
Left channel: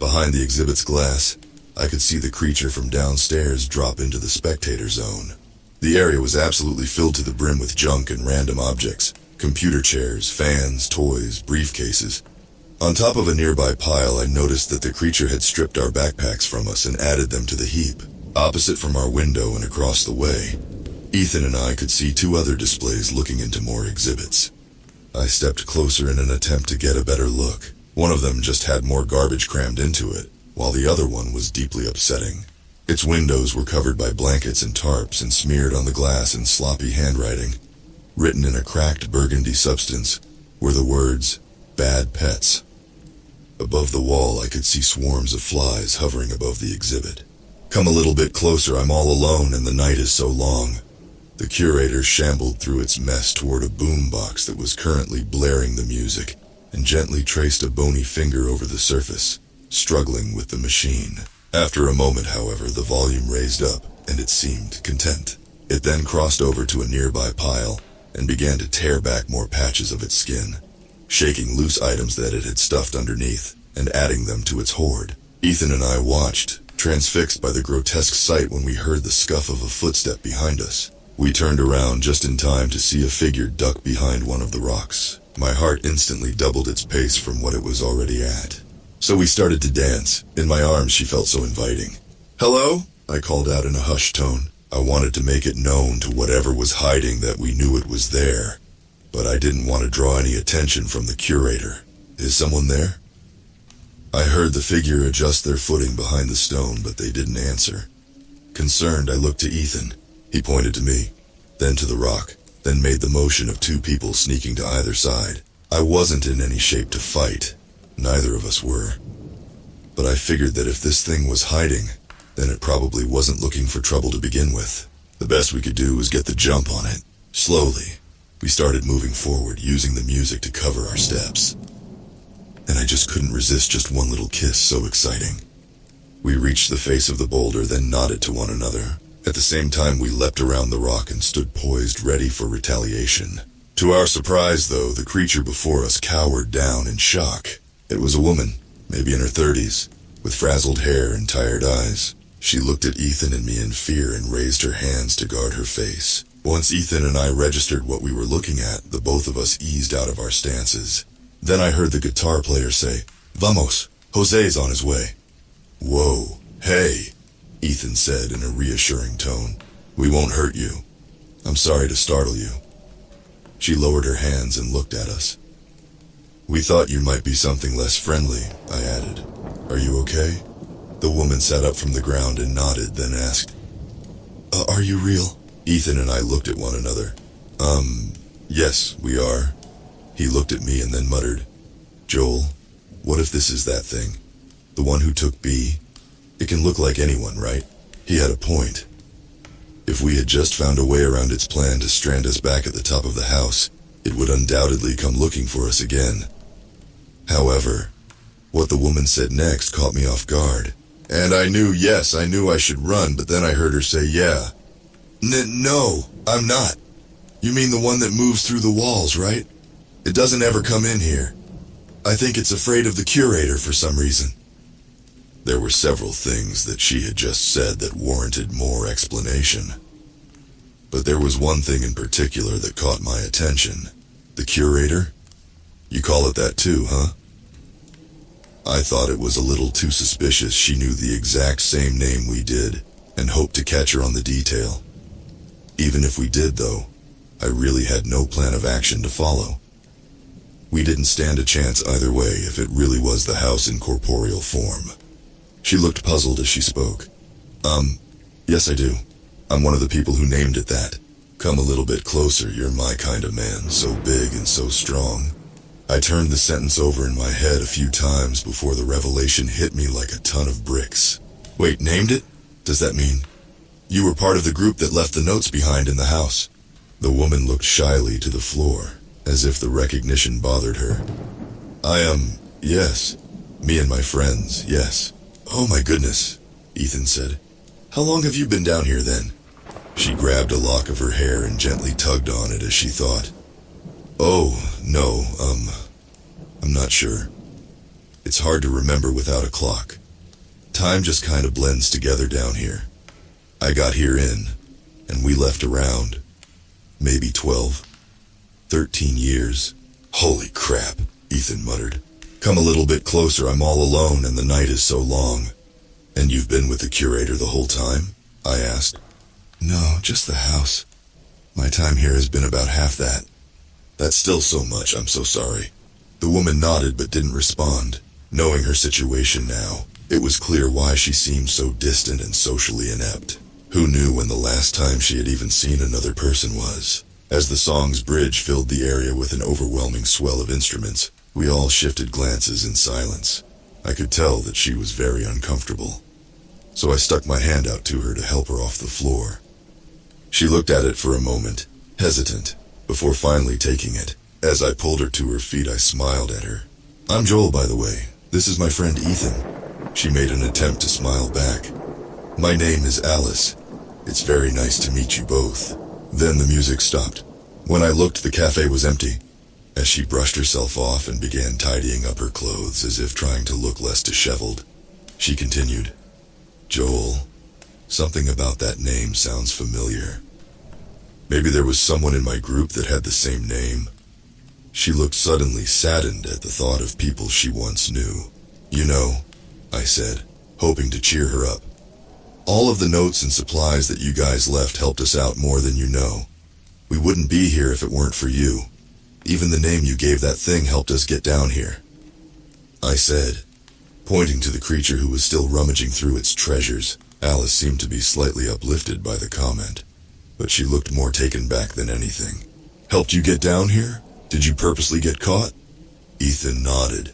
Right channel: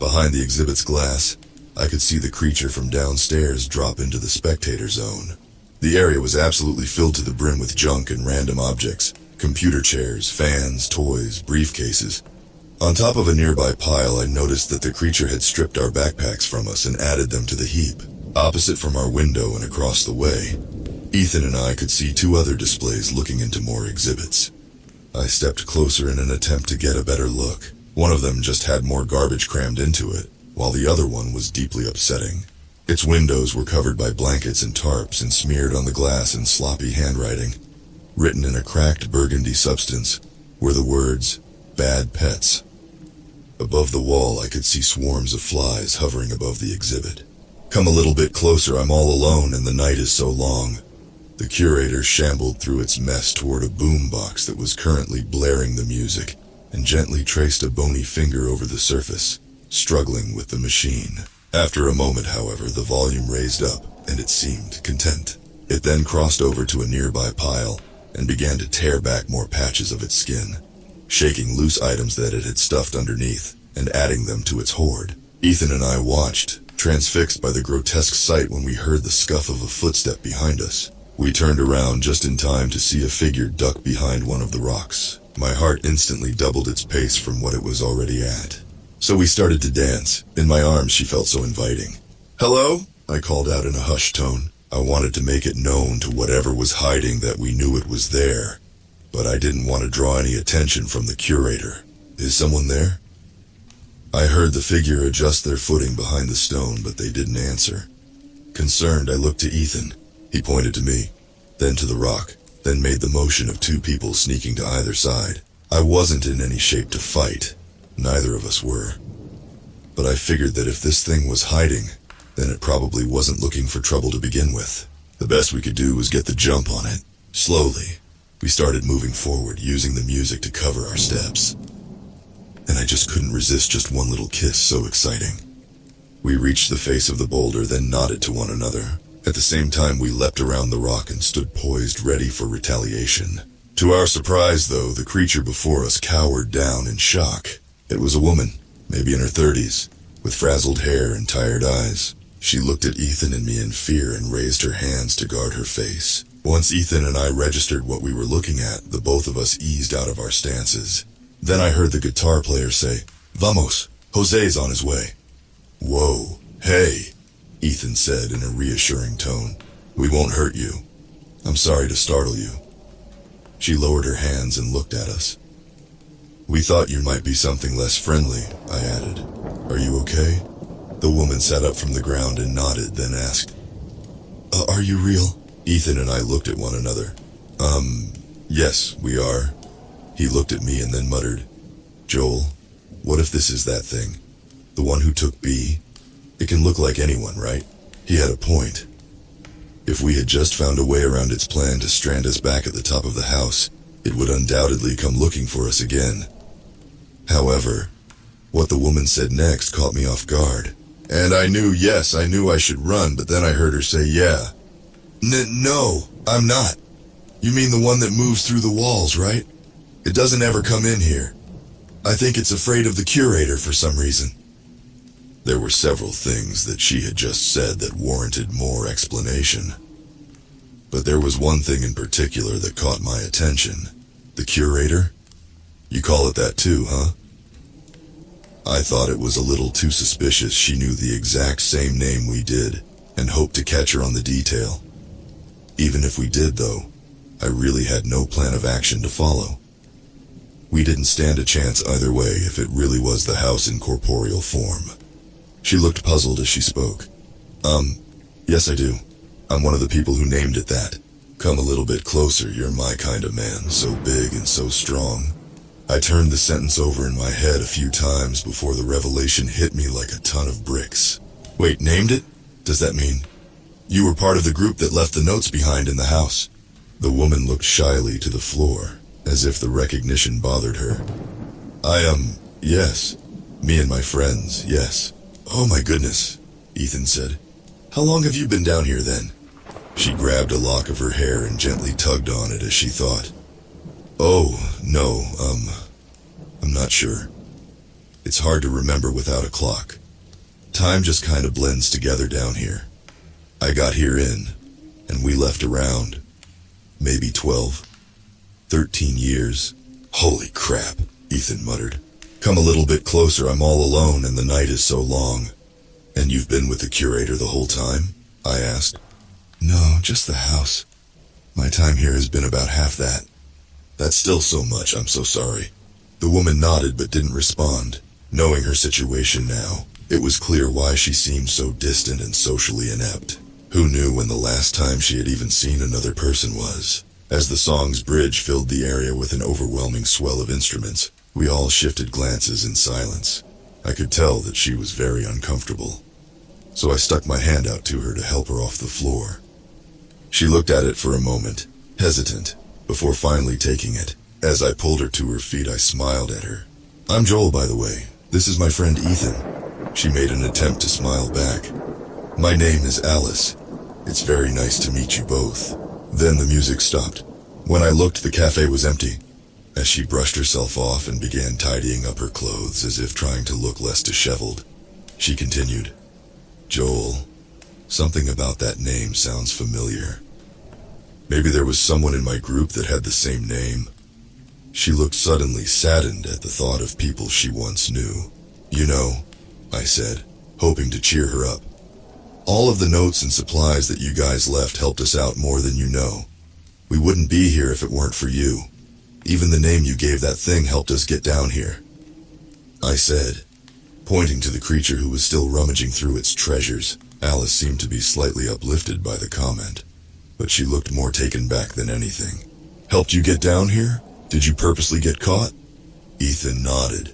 Behind the exhibit's glass, I could see the creature from downstairs drop into the spectator zone. The area was absolutely filled to the brim with junk and random objects, computer chairs, fans, toys, briefcases. On top of a nearby pile, I noticed that the creature had stripped our backpacks from us and added them to the heap, opposite from our window and across the way. Ethan and I could see two other displays looking into more exhibits. I stepped closer in an attempt to get a better look. One of them just had more garbage crammed into it, while the other one was deeply upsetting. Its windows were covered by blankets and tarps and smeared on the glass in sloppy handwriting. Written in a cracked burgundy substance were the words, "Bad Pets." Above the wall, I could see swarms of flies hovering above the exhibit. Come a little bit closer, I'm all alone and the night is so long. The curator shambled through its mess toward a boombox that was currently blaring the music and gently traced a bony finger over the surface, struggling with the machine. After a moment, however, the volume raised up and it seemed content. It then crossed over to a nearby pile and began to tear back more patches of its skin, shaking loose items that it had stuffed underneath and adding them to its hoard. Ethan and I watched, transfixed by the grotesque sight, when we heard the scuff of a footstep behind us. We turned around just in time to see a figure duck behind one of the rocks. My heart instantly doubled its pace from what it was already at. So we started to dance. In my arms, she felt so inviting. "Hello?" I called out in a hushed tone. I wanted to make it known to whatever was hiding that we knew it was there, but I didn't want to draw any attention from the curator. "Is someone there?" I heard the figure adjust their footing behind the stone, but they didn't answer. Concerned, I looked to Ethan. He pointed to me, then to the rock, then made the motion of two people sneaking to either side. I wasn't in any shape to fight. Neither of us were. But I figured that if this thing was hiding, then it probably wasn't looking for trouble to begin with. The best we could do was get the jump on it. Slowly, we started moving forward, using the music to cover our steps. And I just couldn't resist just one little kiss, so exciting. We reached the face of the boulder, then nodded to one another. At the same time, we leapt around the rock and stood poised, ready for retaliation. To our surprise, though, the creature before us cowered down in shock. It was a woman, maybe in her 30s, with frazzled hair and tired eyes. She looked at Ethan and me in fear and raised her hands to guard her face. Once Ethan and I registered what we were looking at, the both of us eased out of our stances. Then I heard the guitar player say, "Vamos, Jose's on his way." "Whoa, hey," Ethan said in a reassuring tone. "We won't hurt you. I'm sorry to startle you." She lowered her hands and looked at us. "We thought you might be something less friendly," I added. "Are you okay?" The woman sat up from the ground and nodded, then asked, Are you real?" Ethan and I looked at one another. Yes, we are." He looked at me and then muttered, "Joel, what if this is that thing? The one who took B? It can look like anyone, right?" He had a point. If we had just found a way around its plan to strand us back at the top of the house, it would undoubtedly come looking for us again. However, what the woman said next caught me off guard. And I knew I should run, but then I heard her say, "Yeah." No, I'm not. You mean the one that moves through the walls, right? It doesn't ever come in here. I think it's afraid of the curator for some reason." There were several things that she had just said that warranted more explanation. But there was one thing in particular that caught my attention. "The curator? You call it that too, huh?" I thought it was a little too suspicious she knew the exact same name we did, and hoped to catch her on the detail. Even if we did, though, I really had no plan of action to follow. We didn't stand a chance either way if it really was the house in corporeal form. She looked puzzled as she spoke. Yes I do. I'm one of the people who named it that. Come a little bit closer, you're my kind of man, so big and so strong. I turned the sentence over in my head a few times before the revelation hit me like a ton of bricks. Wait, named it? Does that mean you were part of the group that left the notes behind in the house? The woman looked shyly to the floor, as if the recognition bothered her. Yes. Me and my friends, yes. Oh my goodness, Ethan said. How long have you been down here then? She grabbed a lock of her hair and gently tugged on it as she thought. Oh, no, I'm not sure. It's hard to remember without a clock. Time just kind of blends together down here. I got here and we left around, maybe 12, 13 years. Holy crap, Ethan muttered. Come a little bit closer, I'm all alone and the night is so long. And you've been with the curator the whole time? I asked. No, just the house. My time here has been about half that. That's still so much, I'm so sorry. The woman nodded but didn't respond. Knowing her situation now, it was clear why she seemed so distant and socially inept. Who knew when the last time she had even seen another person was? As the song's bridge filled the area with an overwhelming swell of instruments, we all shifted glances in silence. I could tell that she was very uncomfortable. So I stuck my hand out to her to help her off the floor. She looked at it for a moment, hesitant, before finally taking it. As I pulled her to her feet, I smiled at her. I'm Joel, by the way. This is my friend Ethan. She made an attempt to smile back. My name is Alice. It's very nice to meet you both. Then the music stopped. When I looked, the cafe was empty. As she brushed herself off and began tidying up her clothes as if trying to look less disheveled, she continued, Joel, something about that name sounds familiar. Maybe there was someone in my group that had the same name. She looked suddenly saddened at the thought of people she once knew. You know, I said, hoping to cheer her up. All of the notes and supplies that you guys left helped us out more than you know. We wouldn't be here if it weren't for you. Even the name you gave that thing helped us get down here. I said, pointing to the creature who was still rummaging through its treasures. Alice seemed to be slightly uplifted by the comment, but she looked more taken back than anything. Helped you get down here? Did you purposely get caught? Ethan nodded.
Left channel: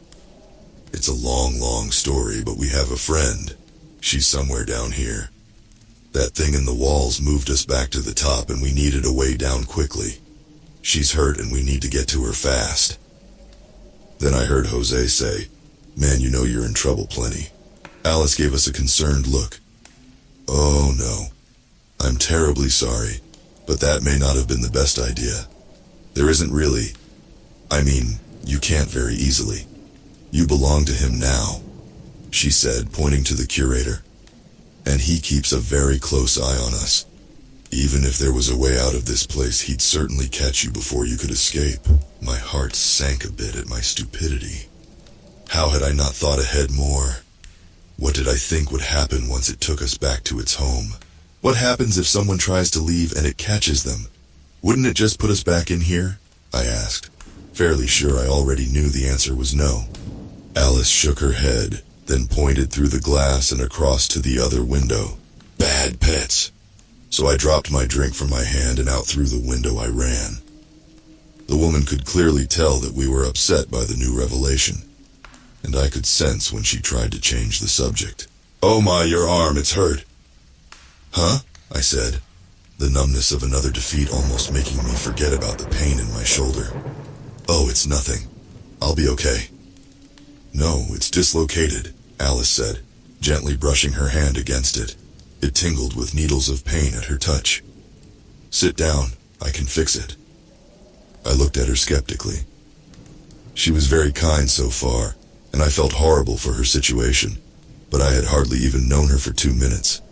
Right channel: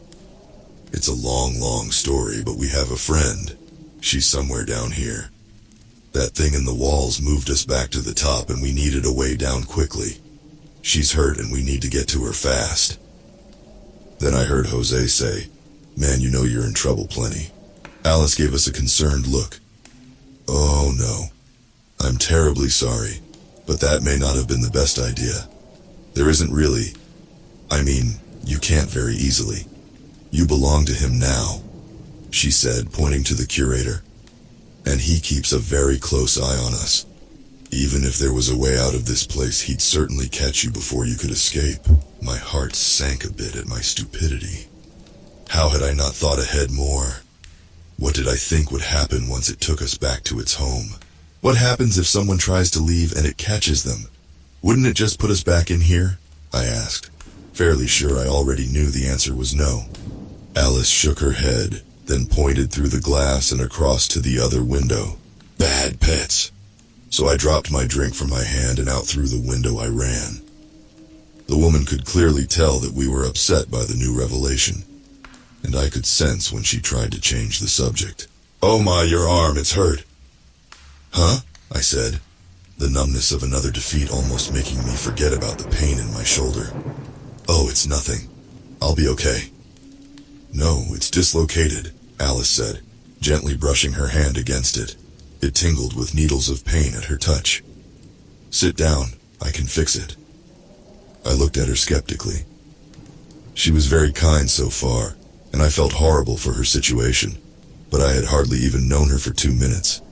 It's a long story, but we have a friend. She's somewhere down here. That thing in the walls moved us back to the top and we needed a way down quickly. She's hurt and we need to get to her fast. Then I heard Jose say, Man, you know you're in trouble plenty. Alice gave us a concerned look. Oh no. I'm terribly sorry, but that may not have been the best idea. There isn't really. You can't very easily. You belong to him now, she said, pointing to the curator. And he keeps a very close eye on us. Even if there was a way out of this place, he'd certainly catch you before you could escape. My heart sank a bit at my stupidity. How had I not thought ahead more? What did I think would happen once it took us back to its home? What happens if someone tries to leave and it catches them? Wouldn't it just put us back in here? I asked, fairly sure I already knew the answer was no. Alice shook her head, then pointed through the glass and across to the other window. Bad pets. So I dropped my drink from my hand and out through the window I ran. The woman could clearly tell that we were upset by the new revelation, and I could sense when she tried to change the subject. Oh my, your arm, it's hurt. Huh? I said, the numbness of another defeat almost making me forget about the pain in my shoulder. Oh, it's nothing. I'll be okay. No, it's dislocated, Alice said, gently brushing her hand against it. It tingled with needles of pain at her touch. Sit down, I can fix it. I looked at her skeptically. She was very kind so far, and I felt horrible for her situation, but I had hardly even known her for 2 minutes,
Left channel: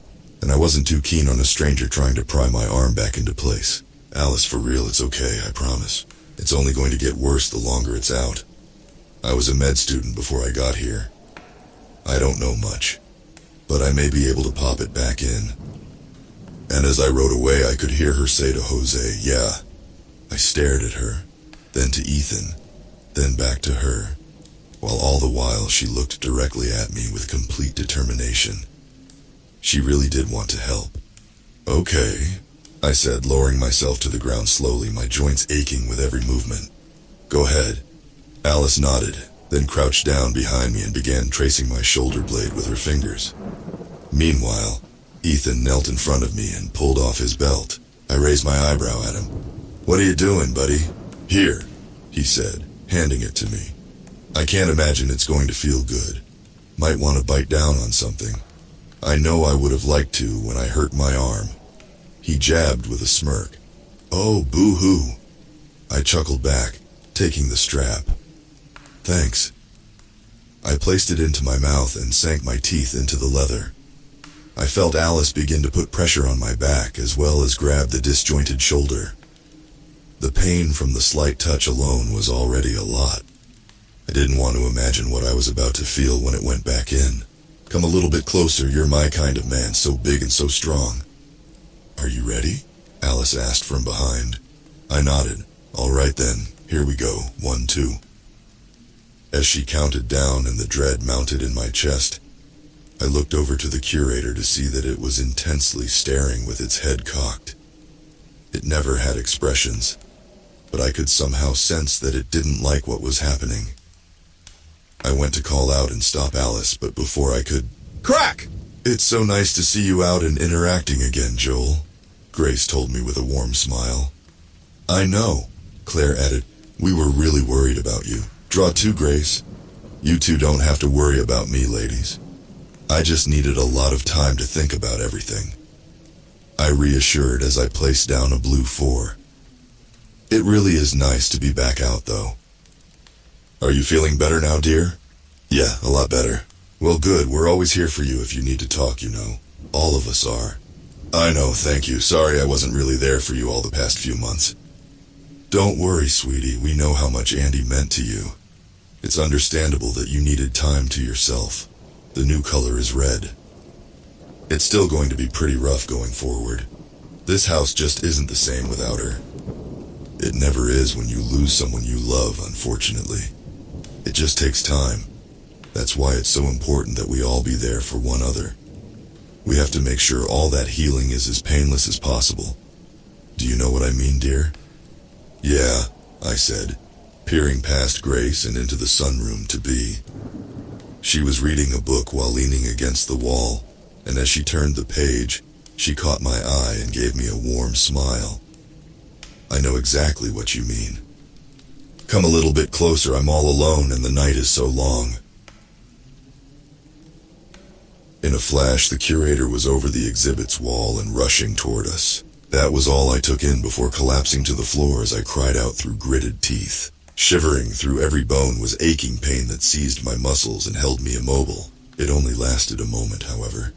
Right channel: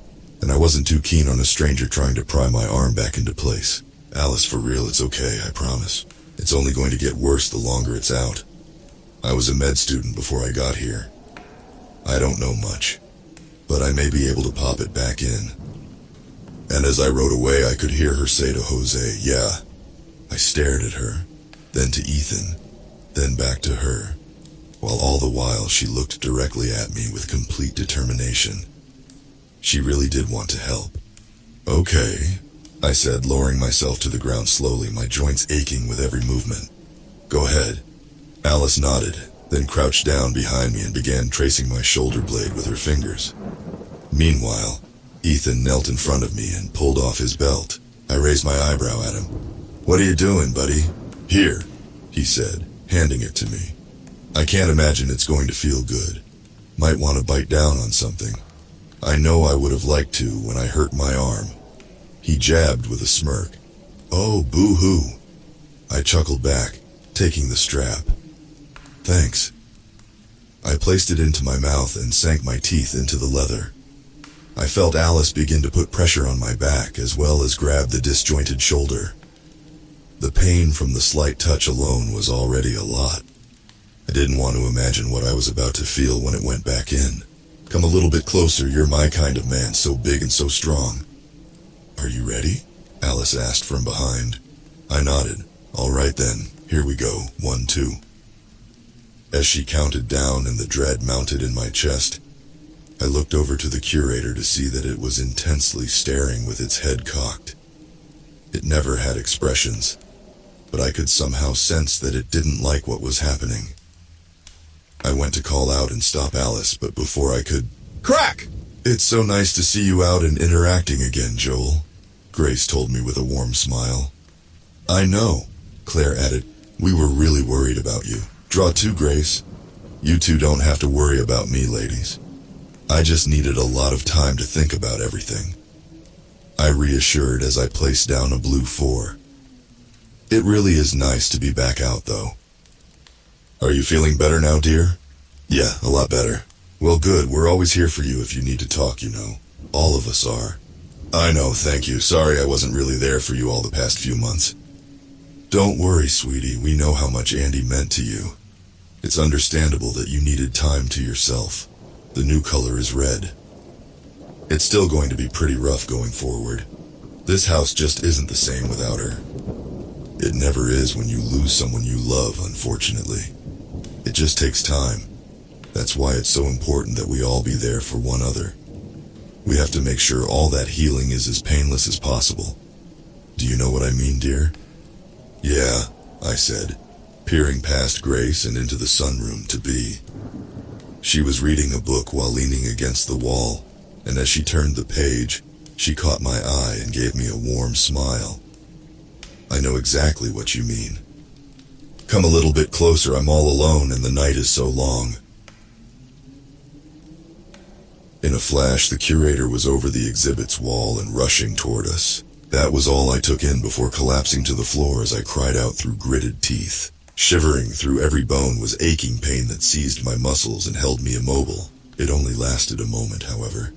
and I wasn't too keen on a stranger trying to pry my arm back into place. Alice, for real, it's okay, I promise. It's only going to get worse the longer it's out. I was a med student before I got here. I don't know much, but I may be able to pop it back in. And as I rode away, I could hear her say to Jose, yeah. I stared at her, then to Ethan, then back to her, while all the while she looked directly at me with complete determination. She really did want to help. Okay, I said, lowering myself to the ground slowly, my joints aching with every movement. Go ahead. Alice nodded, then crouched down behind me and began tracing my shoulder blade with her fingers. Meanwhile, Ethan knelt in front of me and pulled off his belt. I raised my eyebrow at him. What are you doing, buddy? Here, he said, handing it to me. I can't imagine it's going to feel good. Might want to bite down on something. I know I would have liked to when I hurt my arm. He jabbed with a smirk. Oh, boo-hoo. I chuckled back, taking the strap. Thanks. I placed it into my mouth and sank my teeth into the leather. I felt Alice begin to put pressure on my back as well as grab the disjointed shoulder. The pain from the slight touch alone was already a lot. I didn't want to imagine what I was about to feel when it went back in. Come a little bit closer, you're my kind of man, so big and so strong. Are you ready? Alice asked from behind. I nodded. All right then, here we go, 1, 2. As she counted down and the dread mounted in my chest, I looked over to the curator to see that it was intensely staring with its head cocked. It never had expressions, but I could somehow sense that it didn't like what was happening. I went to call out and stop Alice, but before I could... Crack! It's so nice to see you out and interacting again, Joel, Grace told me with a warm smile. I know, Claire added. We were really worried about you. Draw 2, Grace. You two don't have to worry about me, ladies. I just needed a lot of time to think about everything. I reassured as I placed down a blue 4. It really is nice to be back out, though. Are you feeling better now, dear? Yeah, a lot better. Well, good. We're always here for you if you need to talk, you know. All of us are. I know, thank you. Sorry I wasn't really there for you all the past few months. Don't worry, sweetie. We know how much Andy meant to you. It's understandable that you needed time to yourself. The new color is red. It's still going to be pretty rough going forward. This house just isn't the same without her. It never is when you lose someone you love, unfortunately. It just takes time. That's why it's so important that we all be there for one another. We have to make sure all that healing is as painless as possible. Do you know what I mean, dear? Yeah, I said, peering past Grace and into the sunroom to be. She was reading a book while leaning against the wall, and as she turned the page, she caught my eye and gave me a warm smile. I know exactly what you mean. Come a little bit closer, I'm all alone and the night is so long. In a flash, the curator was over the exhibit's wall and rushing toward us. That was all I took in before collapsing to the floor as I cried out through gritted teeth. Shivering through every bone was aching pain that seized my muscles and held me immobile. It only lasted a moment, however,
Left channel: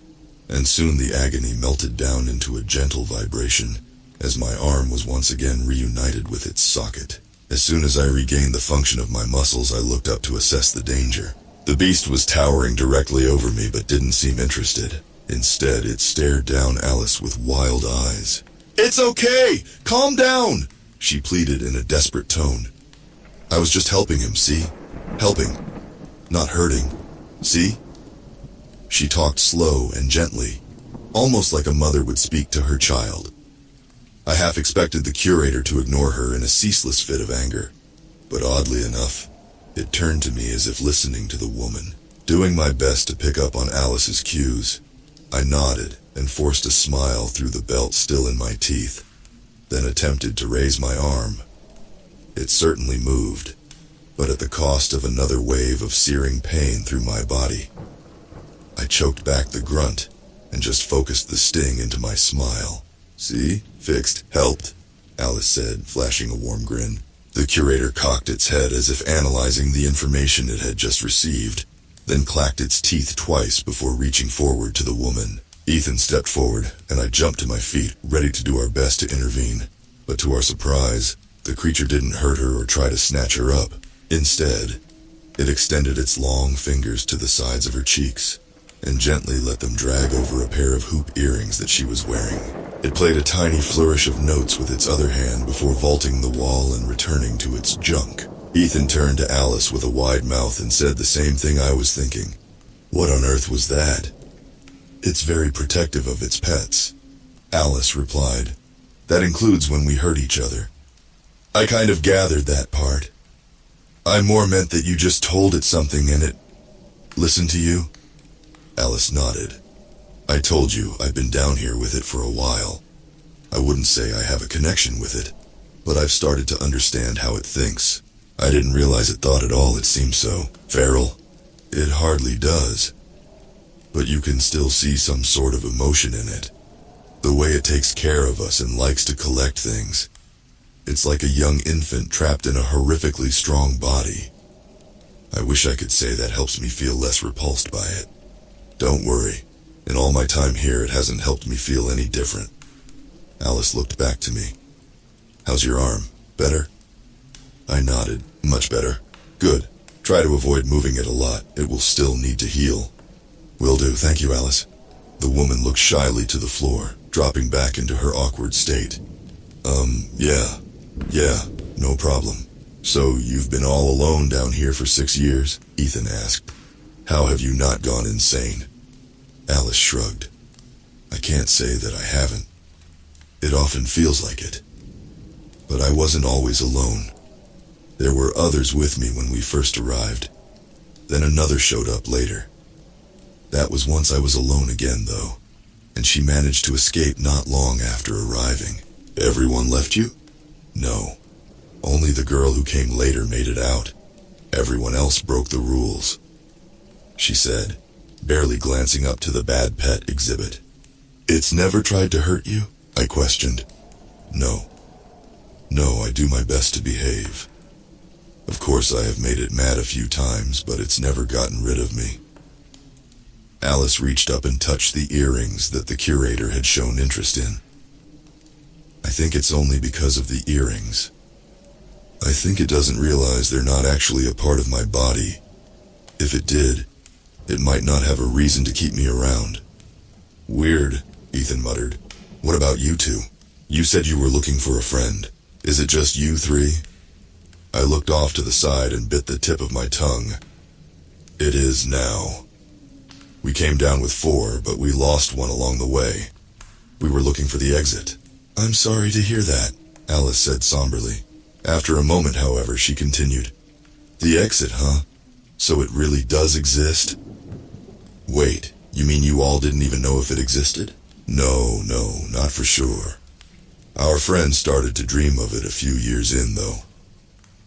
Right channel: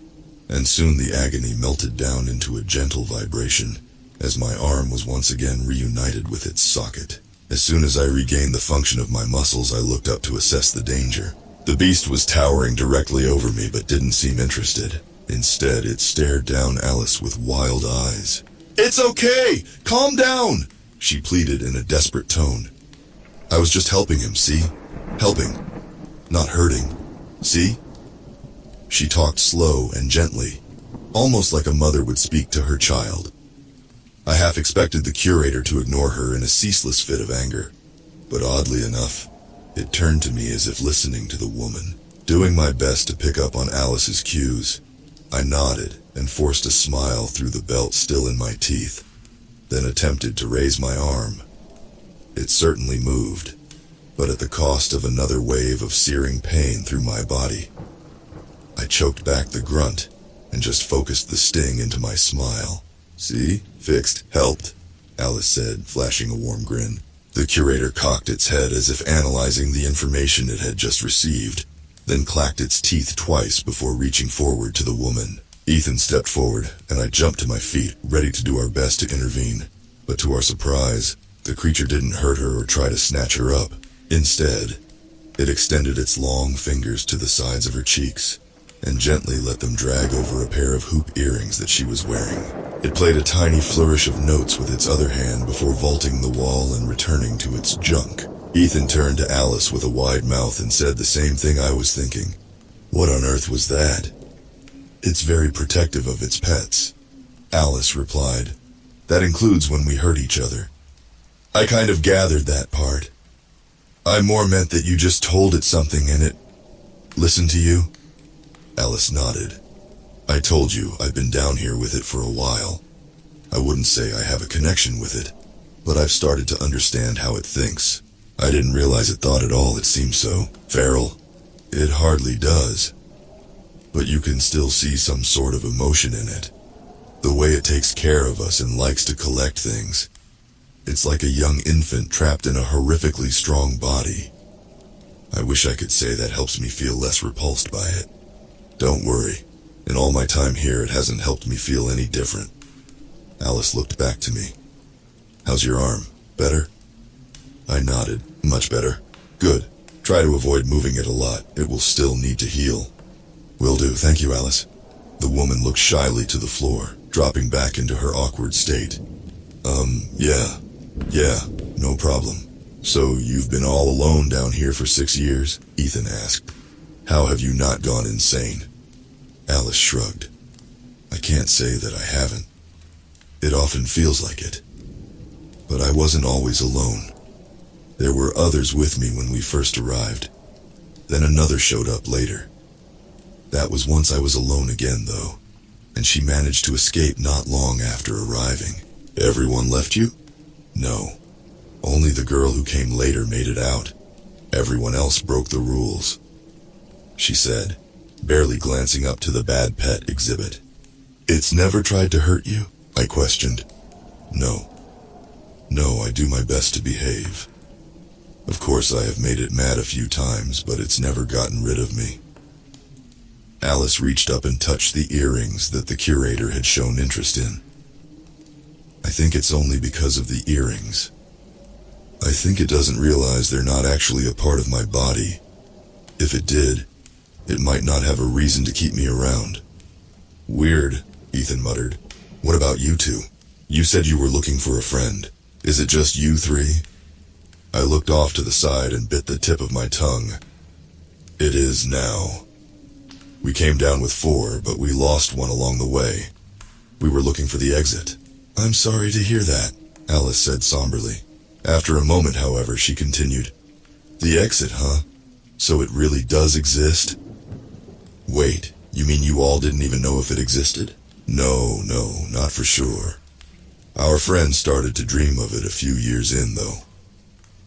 and soon the agony melted down into a gentle vibration as my arm was once again reunited with its socket. As soon as I regained the function of my muscles, I looked up to assess the danger. The beast was towering directly over me but didn't seem interested. Instead, it stared down Alice with wild eyes. It's okay! Calm down! She pleaded in a desperate tone. I was just helping him, see? Helping. Not hurting. See? She talked slow and gently, almost like a mother would speak to her child. I half expected the curator to ignore her in a ceaseless fit of anger, but oddly enough, it turned to me as if listening to the woman. Doing my best to pick up on Alice's cues, I nodded and forced a smile through the belt still in my teeth, then attempted to raise my arm. It certainly moved, but at the cost of another wave of searing pain through my body. I choked back the grunt and just focused the sting into my smile. See? Fixed. Helped, Alice said, flashing a warm grin. The curator cocked its head as if analyzing the information it had just received, then clacked its teeth twice before reaching forward to the woman. Ethan stepped forward, and I jumped to my feet, ready to do our best to intervene. But to our surprise, the creature didn't hurt her or try to snatch her up. Instead, It extended its long fingers to the sides of her cheeks and gently let them drag over a pair of hoop earrings that she was wearing. It played a tiny flourish of notes with its other hand before vaulting the wall and returning to its junk. Ethan turned to Alice with a wide mouth and said the same thing I was thinking. What on earth was that? It's very protective of its pets, Alice replied. That includes when we hurt each other. I kind of gathered that part. I more meant that you just told it something and it listened to you. Alice nodded. I told you I've been down here with it for a while. I wouldn't say I have a connection with it, but I've started to understand how it thinks. I didn't realize it thought at all, it seems so feral. It hardly does. But you can still see some sort of emotion in it. The way it takes care of us and likes to collect things. It's like a young infant trapped in a horrifically strong body. I wish I could say that helps me feel less repulsed by it. Don't worry. In all my time here, it hasn't helped me feel any different. Alice looked back to me. How's your arm? Better? I nodded. Much better. Good. Try to avoid moving it a lot. It will still need to heal. Will do. Thank you, Alice. The woman looked shyly to the floor, dropping back into her awkward state. Yeah, no problem. So you've been all alone down here for 6 years? Ethan asked. How have you not gone insane? Alice shrugged. I can't say that I haven't. It often feels like it. But I wasn't always alone. There were others with me when we first arrived. Then another showed up later. That was once I was alone again, though, and she managed to escape not long after arriving. Everyone left you? No. Only the girl who came later made it out. Everyone else broke the rules, she said, barely glancing up to the bad pet exhibit. It's never tried to hurt you? I questioned. No. No, I do my best to behave. Of course, I have made it mad a few times, but it's never gotten rid of me. Alice reached up and touched the earrings that the curator had shown interest in. I think it's only because of the earrings. I think it doesn't realize they're not actually a part of my body. If it did, it might not have a reason to keep me around. Weird, Ethan muttered. What about you two? You said you were looking for a friend. Is it just you three? I looked off to the side and bit the tip of my tongue. It is now. We came down with 4, but we lost one along the way. We were looking for the exit. I'm sorry to hear that, Alice said somberly. After a moment, however, she continued. The exit, huh? So it really does exist? Wait, you mean you all didn't even know if it existed? No, not for sure. Our friend started to dream of it a few years in, though.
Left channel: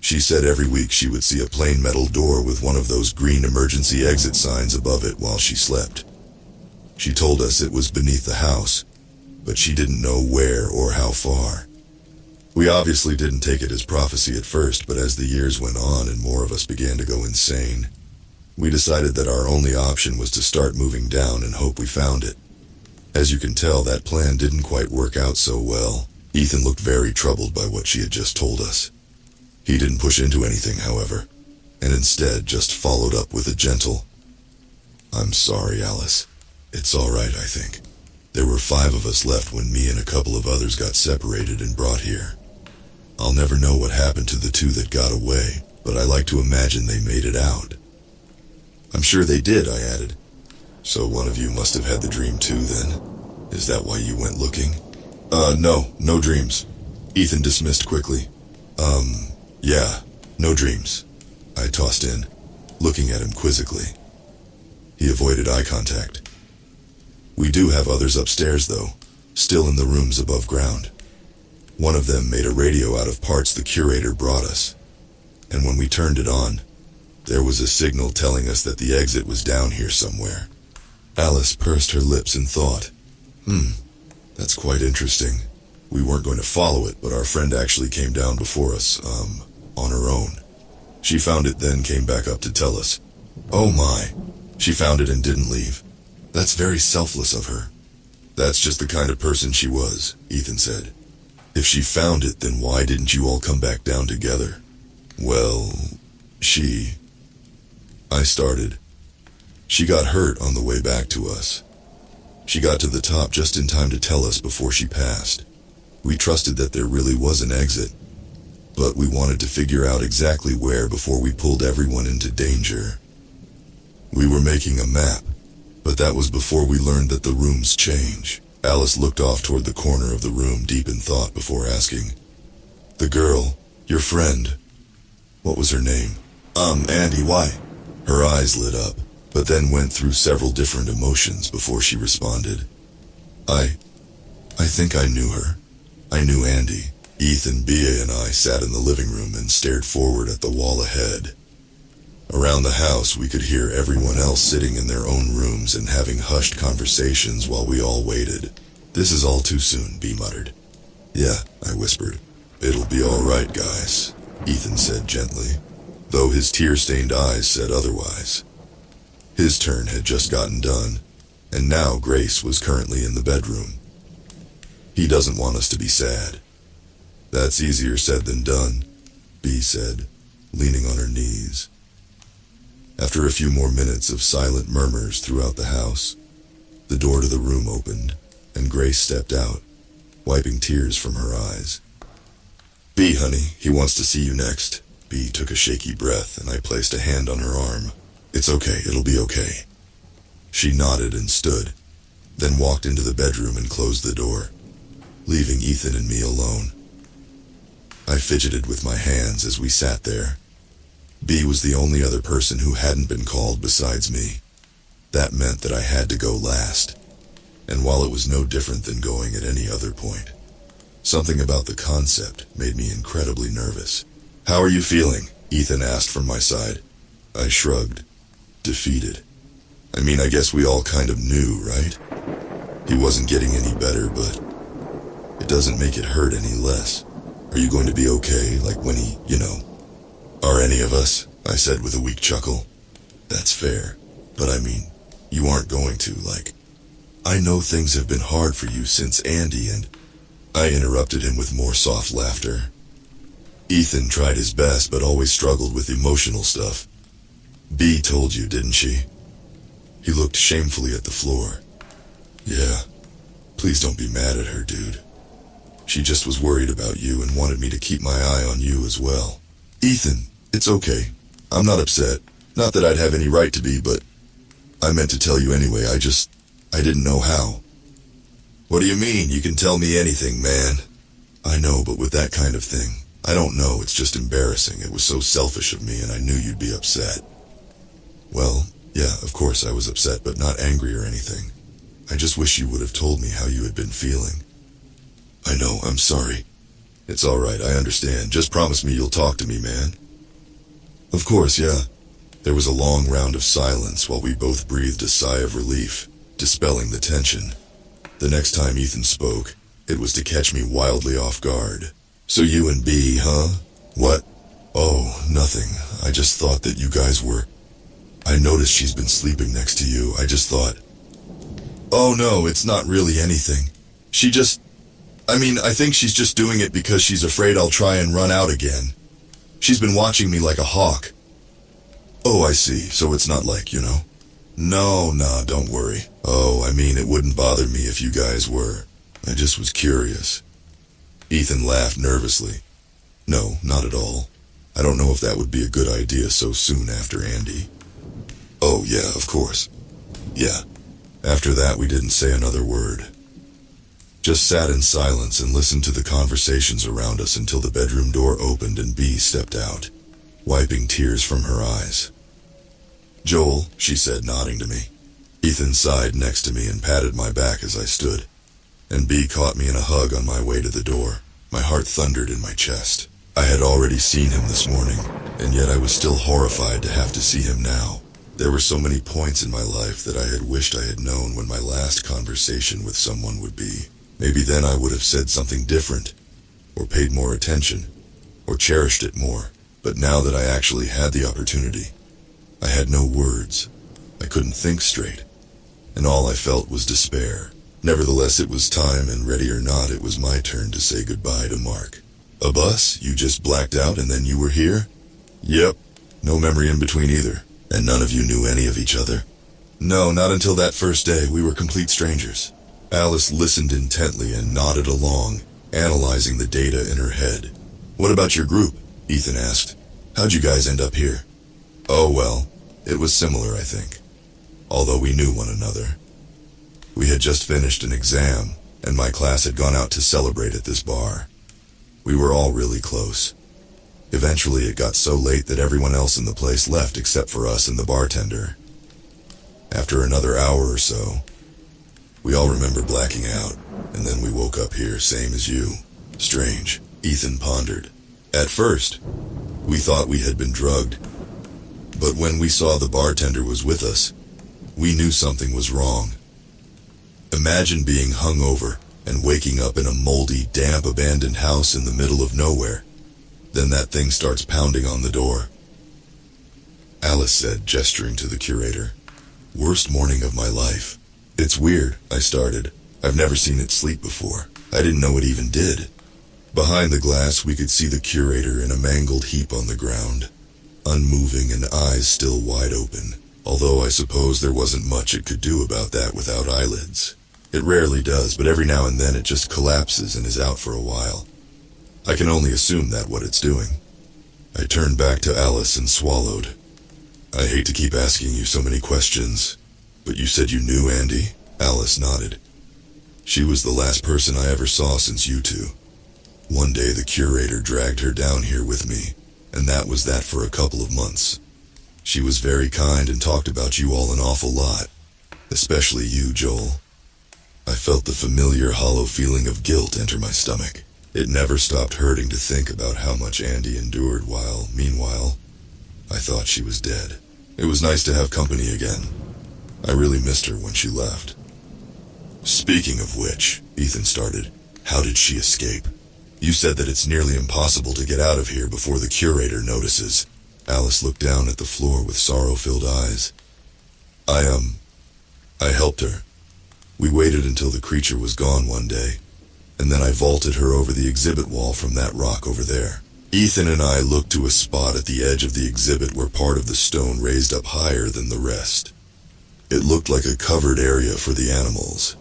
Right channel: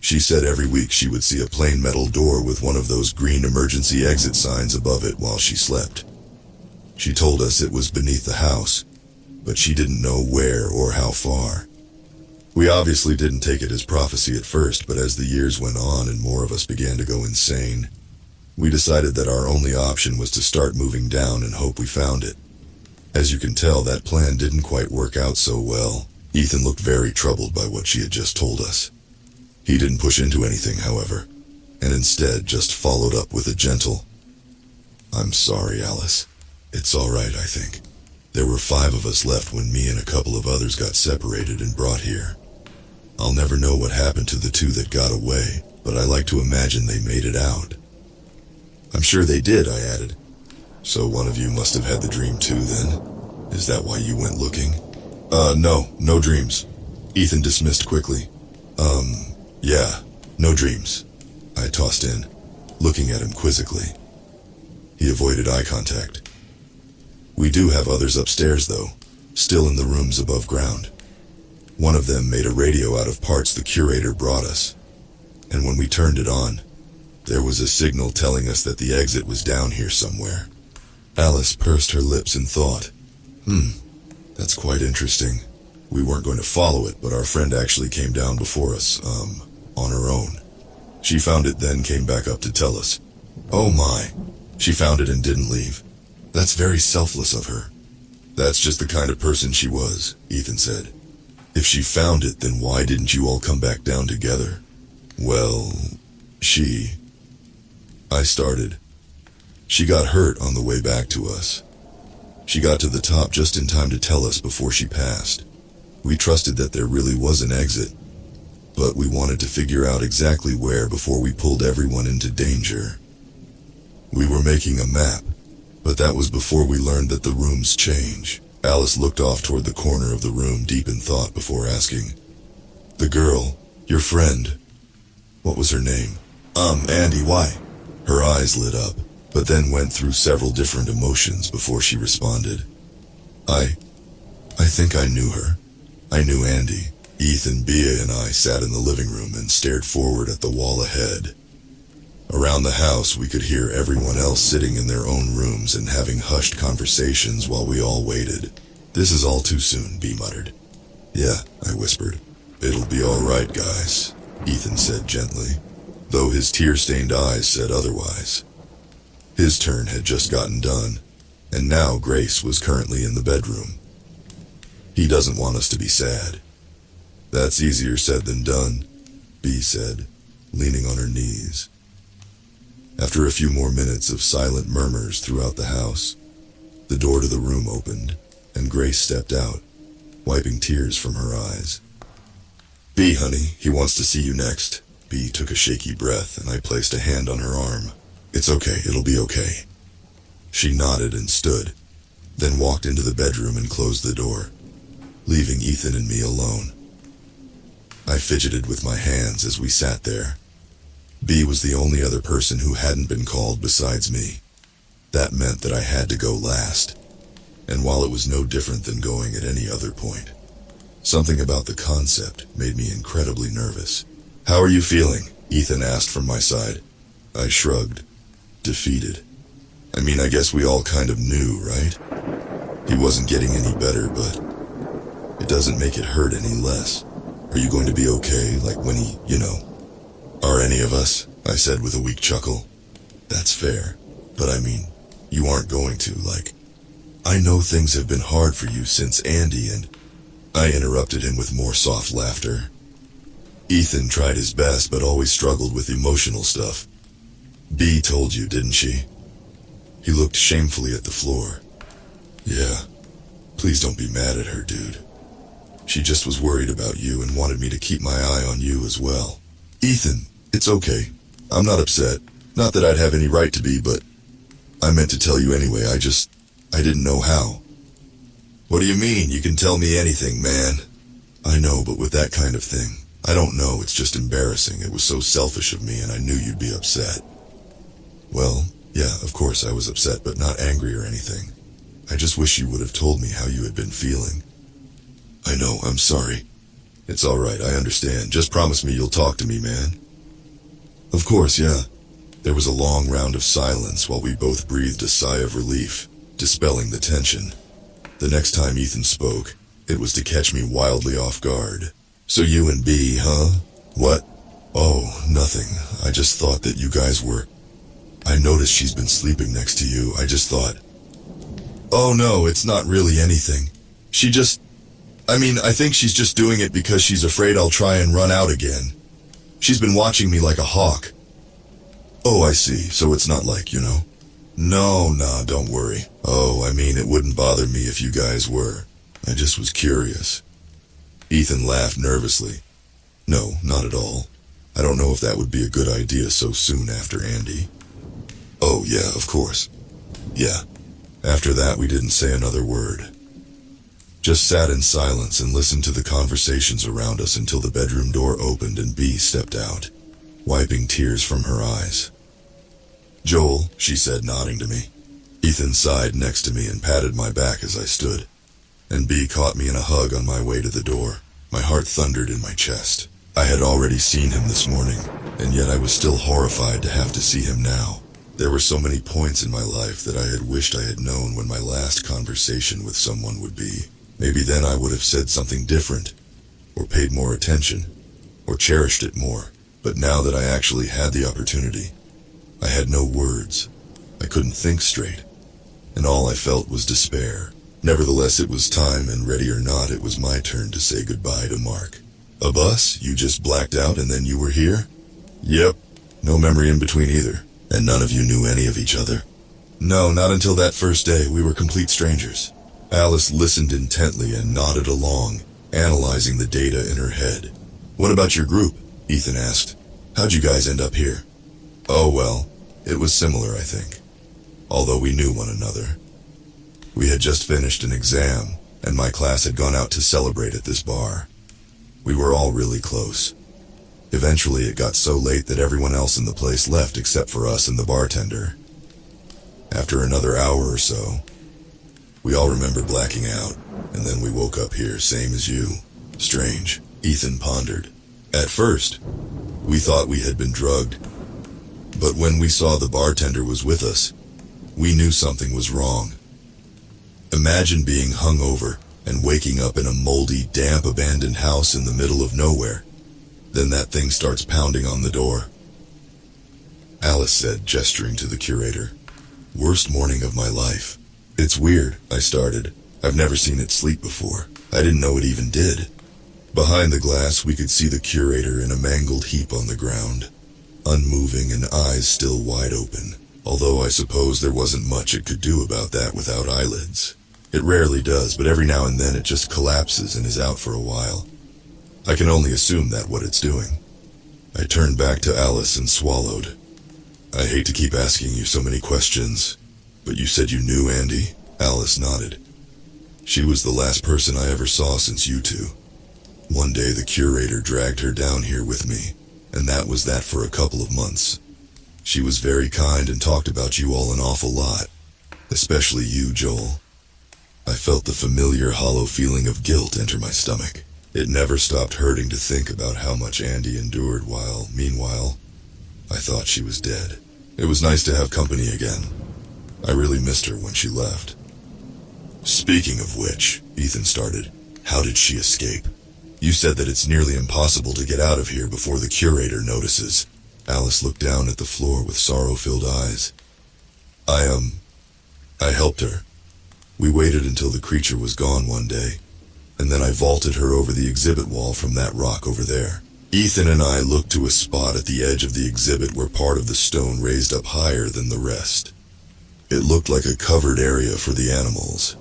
She said every week she would see a plain metal door with one of those green emergency exit signs above it while she slept. She told us it was beneath the house, but she didn't know where or how far. We obviously didn't take it as prophecy at first, but as the years went on and more of us began to go insane, we decided that our only option was to start moving down and hope we found it. As you can tell, that plan didn't quite work out so well. Ethan looked very troubled by what she had just told us. He didn't push into anything, however, and instead just followed up with a gentle, I'm sorry, Alice. It's all right, I think. There were 5 of us left when me and a couple of others got separated and brought here. I'll never know what happened to the 2 that got away, but I like to imagine they made it out. I'm sure they did, I added. So one of you must have had the dream too, then? Is that why you went looking? No dreams. Ethan dismissed quickly. Yeah, no dreams, I tossed in, looking at him quizzically. He avoided eye contact. We do have others upstairs, though, still in the rooms above ground. One of them made a radio out of parts the curator brought us, and when we turned it on, there was a signal telling us that the exit was down here somewhere. Alice pursed her lips in thought. That's quite interesting. We weren't going to follow it, but our friend actually came down before us, on her own. She found it, then came back up to tell us. Oh my, she found it and didn't leave. That's very selfless of her. That's just the kind of person she was, Ethan said. If she found it, then why didn't you all come back down together? Well, she... I started. She got hurt on the way back to us. She got to the top just in time to tell us before she passed. We trusted that there really was an exit, but we wanted to figure out exactly where before we pulled everyone into danger. We were making a map, but that was before we learned that the rooms change. Alice looked off toward the corner of the room deep in thought before asking, "The girl, your friend, what was her name?" Andy, why?" Her eyes lit up, but then went through several different emotions before she responded. I think I knew her. I knew Andy. Ethan, Bea, and I sat in the living room and stared forward at the wall ahead. Around the house, we could hear everyone else sitting in their own rooms and having hushed conversations while we all waited. "This is all too soon," Bea muttered. "Yeah," I whispered. "It'll be all right, guys," Ethan said gently, though his tear-stained eyes said otherwise. His turn had just gotten done, and now Grace was currently in the bedroom. "He doesn't want us to be sad." "That's easier said than done," Bea said, leaning on her knees. After a few more minutes of silent murmurs throughout the house, the door to the room opened, and Grace stepped out, wiping tears from her eyes. "Bea, honey, he wants to see you next." Bea took a shaky breath, and I placed a hand on her arm. "It's okay, it'll be okay." She nodded and stood, then walked into the bedroom and closed the door, leaving Ethan and me alone. I fidgeted with my hands as we sat there. Bea was the only other person who hadn't been called besides me. That meant that I had to go last, and while it was no different than going at any other point, something about the concept made me incredibly nervous. "How are you feeling?" Ethan asked from my side. I shrugged, defeated. I mean, I guess we all kind of knew, right? He wasn't getting any better, but it doesn't make it hurt any less. "Are you going to be okay, like when he, "Are any of us?" I said with a weak chuckle. "That's fair, but I mean, you aren't going to, I know things have been hard for you since Andy and..." I interrupted him with more soft laughter. "Ethan tried his best but always struggled with emotional stuff. Bea told you, didn't she?" He looked shamefully at the floor. "Yeah, please don't be mad at her, dude. She just was worried about you and wanted me to keep my eye on you as well." "Ethan, it's okay. I'm not upset. Not that I'd have any right to be, but I meant to tell you anyway. I didn't know how." "What do you mean? You can tell me anything, man." "I know, but with that kind of thing, I don't know, it's just embarrassing. It was so selfish of me and I knew you'd be upset." "Well, yeah, of course I was upset, but not angry or anything. I just wish you would have told me how you had been feeling." "I know, I'm sorry." "It's all right, I understand. Just promise me you'll talk to me, man." "Of course, yeah." There was a long round of silence while we both breathed a sigh of relief, dispelling the tension. The next time Ethan spoke, it was to catch me wildly off guard. "So you and Bea, huh? What?" "Oh, nothing. I just thought that you guys were... I noticed she's been sleeping next to you. I just thought..." "Oh no, it's not really anything. I think she's just doing it because she's afraid I'll try and run out again. She's been watching me like a hawk." "Oh, I see. So it's not like, "No, nah, don't worry. Oh, it wouldn't bother me if you guys were. I just was curious." Ethan laughed nervously. "No, not at all. I don't know if that would be a good idea so soon after Andy." "Oh, yeah, of course. Yeah." After that, we didn't say another word. Just sat in silence and listened to the conversations around us until the bedroom door opened and Bea stepped out, wiping tears from her eyes. "Joel," she said, nodding to me. Ethan sighed next to me and patted my back as I stood, and Bea caught me in a hug on my way to the door. My heart thundered in my chest. I had already seen him this morning, and yet I was still horrified to have to see him now. There were so many points in my life that I had wished I had known when my last conversation with someone would be. Maybe then I would have said something different, or paid more attention, or cherished it more. But now that I actually had the opportunity, I had no words. I couldn't think straight, and all I felt was despair. Nevertheless, it was time, and ready or not, it was my turn to say goodbye to Mark. "A bus? You just blacked out and then you were here?" "Yep. No memory in between either. And none of you knew any of each other? No, not until that first day. We were complete strangers. Alice listened intently and nodded along, analyzing the data in her head. What about your group? Ethan asked. How'd you guys end up here? Oh well, it was similar, I think. Although we knew one another. We had just finished an exam, and my class had gone out to celebrate at this bar. We were all really close. Eventually it got so late that everyone else in the place left except for us and the bartender. After another hour or so, we all remember blacking out, and then we woke up here, same as you. Strange, Ethan pondered. At first, we thought we had been drugged, but when we saw the bartender was with us, we knew something was wrong. Imagine being hungover and waking up in a moldy, damp, abandoned house in the middle of nowhere. Then that thing starts pounding on the door. Alice said, gesturing to the curator. Worst morning of my life. It's weird, I started. I've never seen it sleep before. I didn't know it even did. Behind the glass, we could see the curator in a mangled heap on the ground, unmoving and eyes still wide open, although I suppose there wasn't much it could do about that without eyelids. It rarely does, but every now and then it just collapses and is out for a while. I can only assume that's what it's doing. I turned back to Alice and swallowed. I hate to keep asking you so many questions, but you said you knew Andy? Alice nodded. She was the last person I ever saw since you two. One day the curator dragged her down here with me, and that was that for a couple of months. She was very kind and talked about you all an awful lot, especially you, Joel. I felt the familiar hollow feeling of guilt enter my stomach. It never stopped hurting to think about how much Andy endured while, meanwhile, I thought she was dead. It was nice to have company again. I really missed her when she left. Speaking of which, Ethan started, how did she escape? You said that it's nearly impossible to get out of here before the curator notices. Alice looked down at the floor with sorrow-filled eyes. I helped her. We waited until the creature was gone one day, and then I vaulted her over the exhibit wall from that rock over there. Ethan and I looked to a spot at the edge of the exhibit where part of the stone raised up higher than the rest. It looked like a covered area for the animals.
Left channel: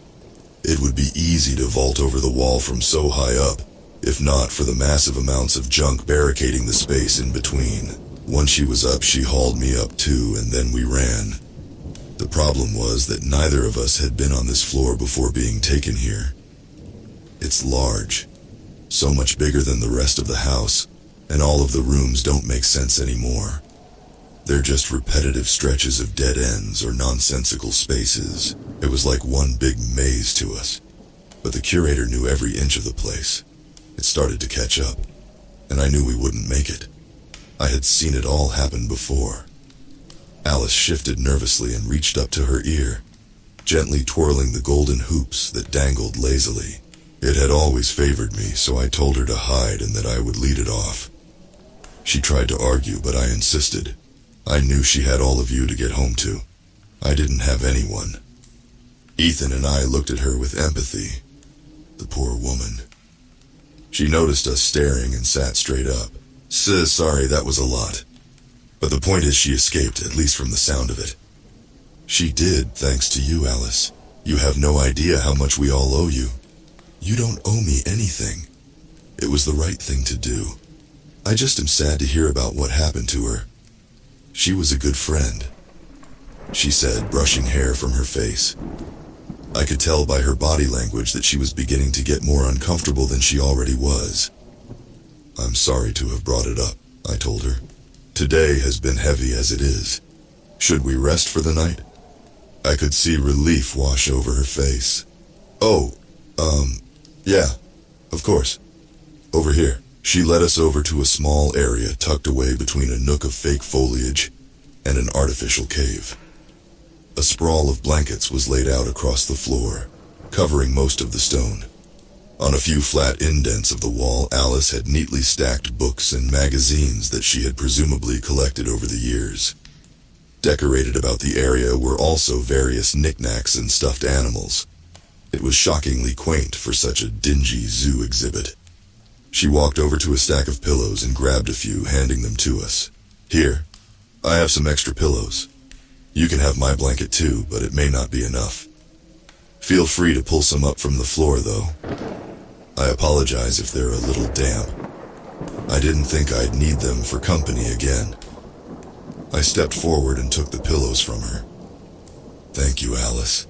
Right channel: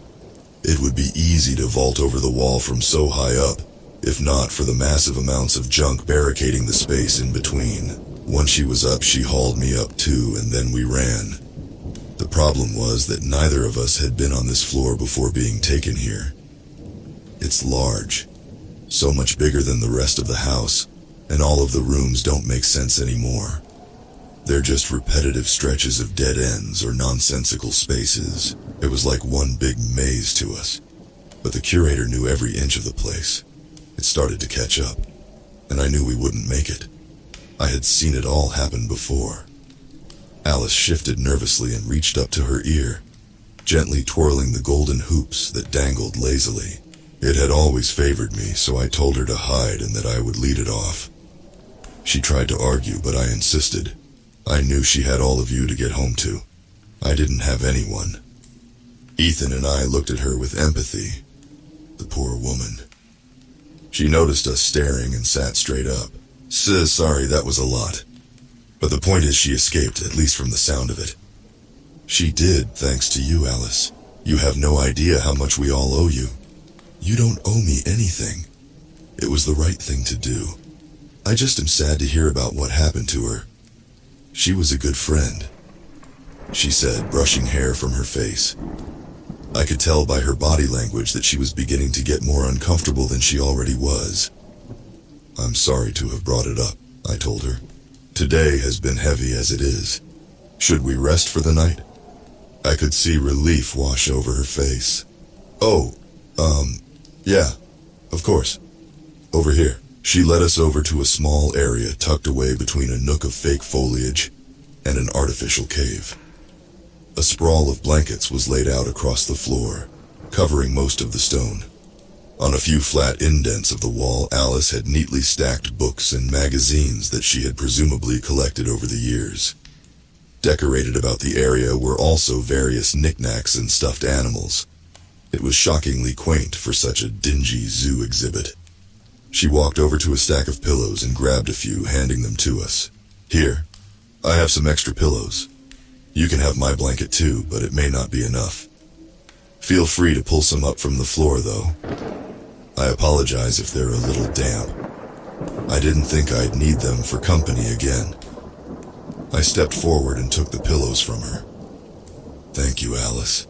It would be easy to vault over the wall from so high up, if not for the massive amounts of junk barricading the space in between. Once she was up, she hauled me up too, and then we ran. The problem was that neither of us had been on this floor before being taken here. It's large, so much bigger than the rest of the house, and all of the rooms don't make sense anymore. They're just repetitive stretches of dead ends or nonsensical spaces. It was like one big maze to us. But the curator knew every inch of the place. It started to catch up, and I knew we wouldn't make it. I had seen it all happen before. Alice shifted nervously and reached up to her ear, gently twirling the golden hoops that dangled lazily. It had always favored me, so I told her to hide and that I would lead it off. She tried to argue, but I insisted. I knew she had all of you to get home to. I didn't have anyone. Ethan and I looked at her with empathy. The poor woman. She noticed us staring and sat straight up. Sorry, that was a lot. But the point is she escaped, at least from the sound of it. She did, thanks to you, Alice. You have no idea how much we all owe you. You don't owe me anything. It was the right thing to do. I just am sad to hear about what happened to her. She was a good friend, she said, brushing hair from her face. I could tell by her body language that she was beginning to get more uncomfortable than she already was. I'm sorry to have brought it up, I told her. Today has been heavy as it is. Should we rest for the night? I could see relief wash over her face. Yeah, of course. Over here. She led us over to a small area tucked away between a nook of fake foliage and an artificial cave. A sprawl of blankets was laid out across the floor, covering most of the stone. On a few flat indents of the wall, Alice had neatly stacked books and magazines that she had presumably collected over the years. Decorated about the area were also various knickknacks and stuffed animals. It was shockingly quaint for such a dingy zoo exhibit. She walked over to a stack of pillows and grabbed a few, handing them to us. Here, I have some extra pillows. You can have my blanket too, but it may not be enough. Feel free to pull some up from the floor, though. I apologize if they're a little damp. I didn't think I'd need them for company again. I stepped forward and took the pillows from her. Thank you, Alice.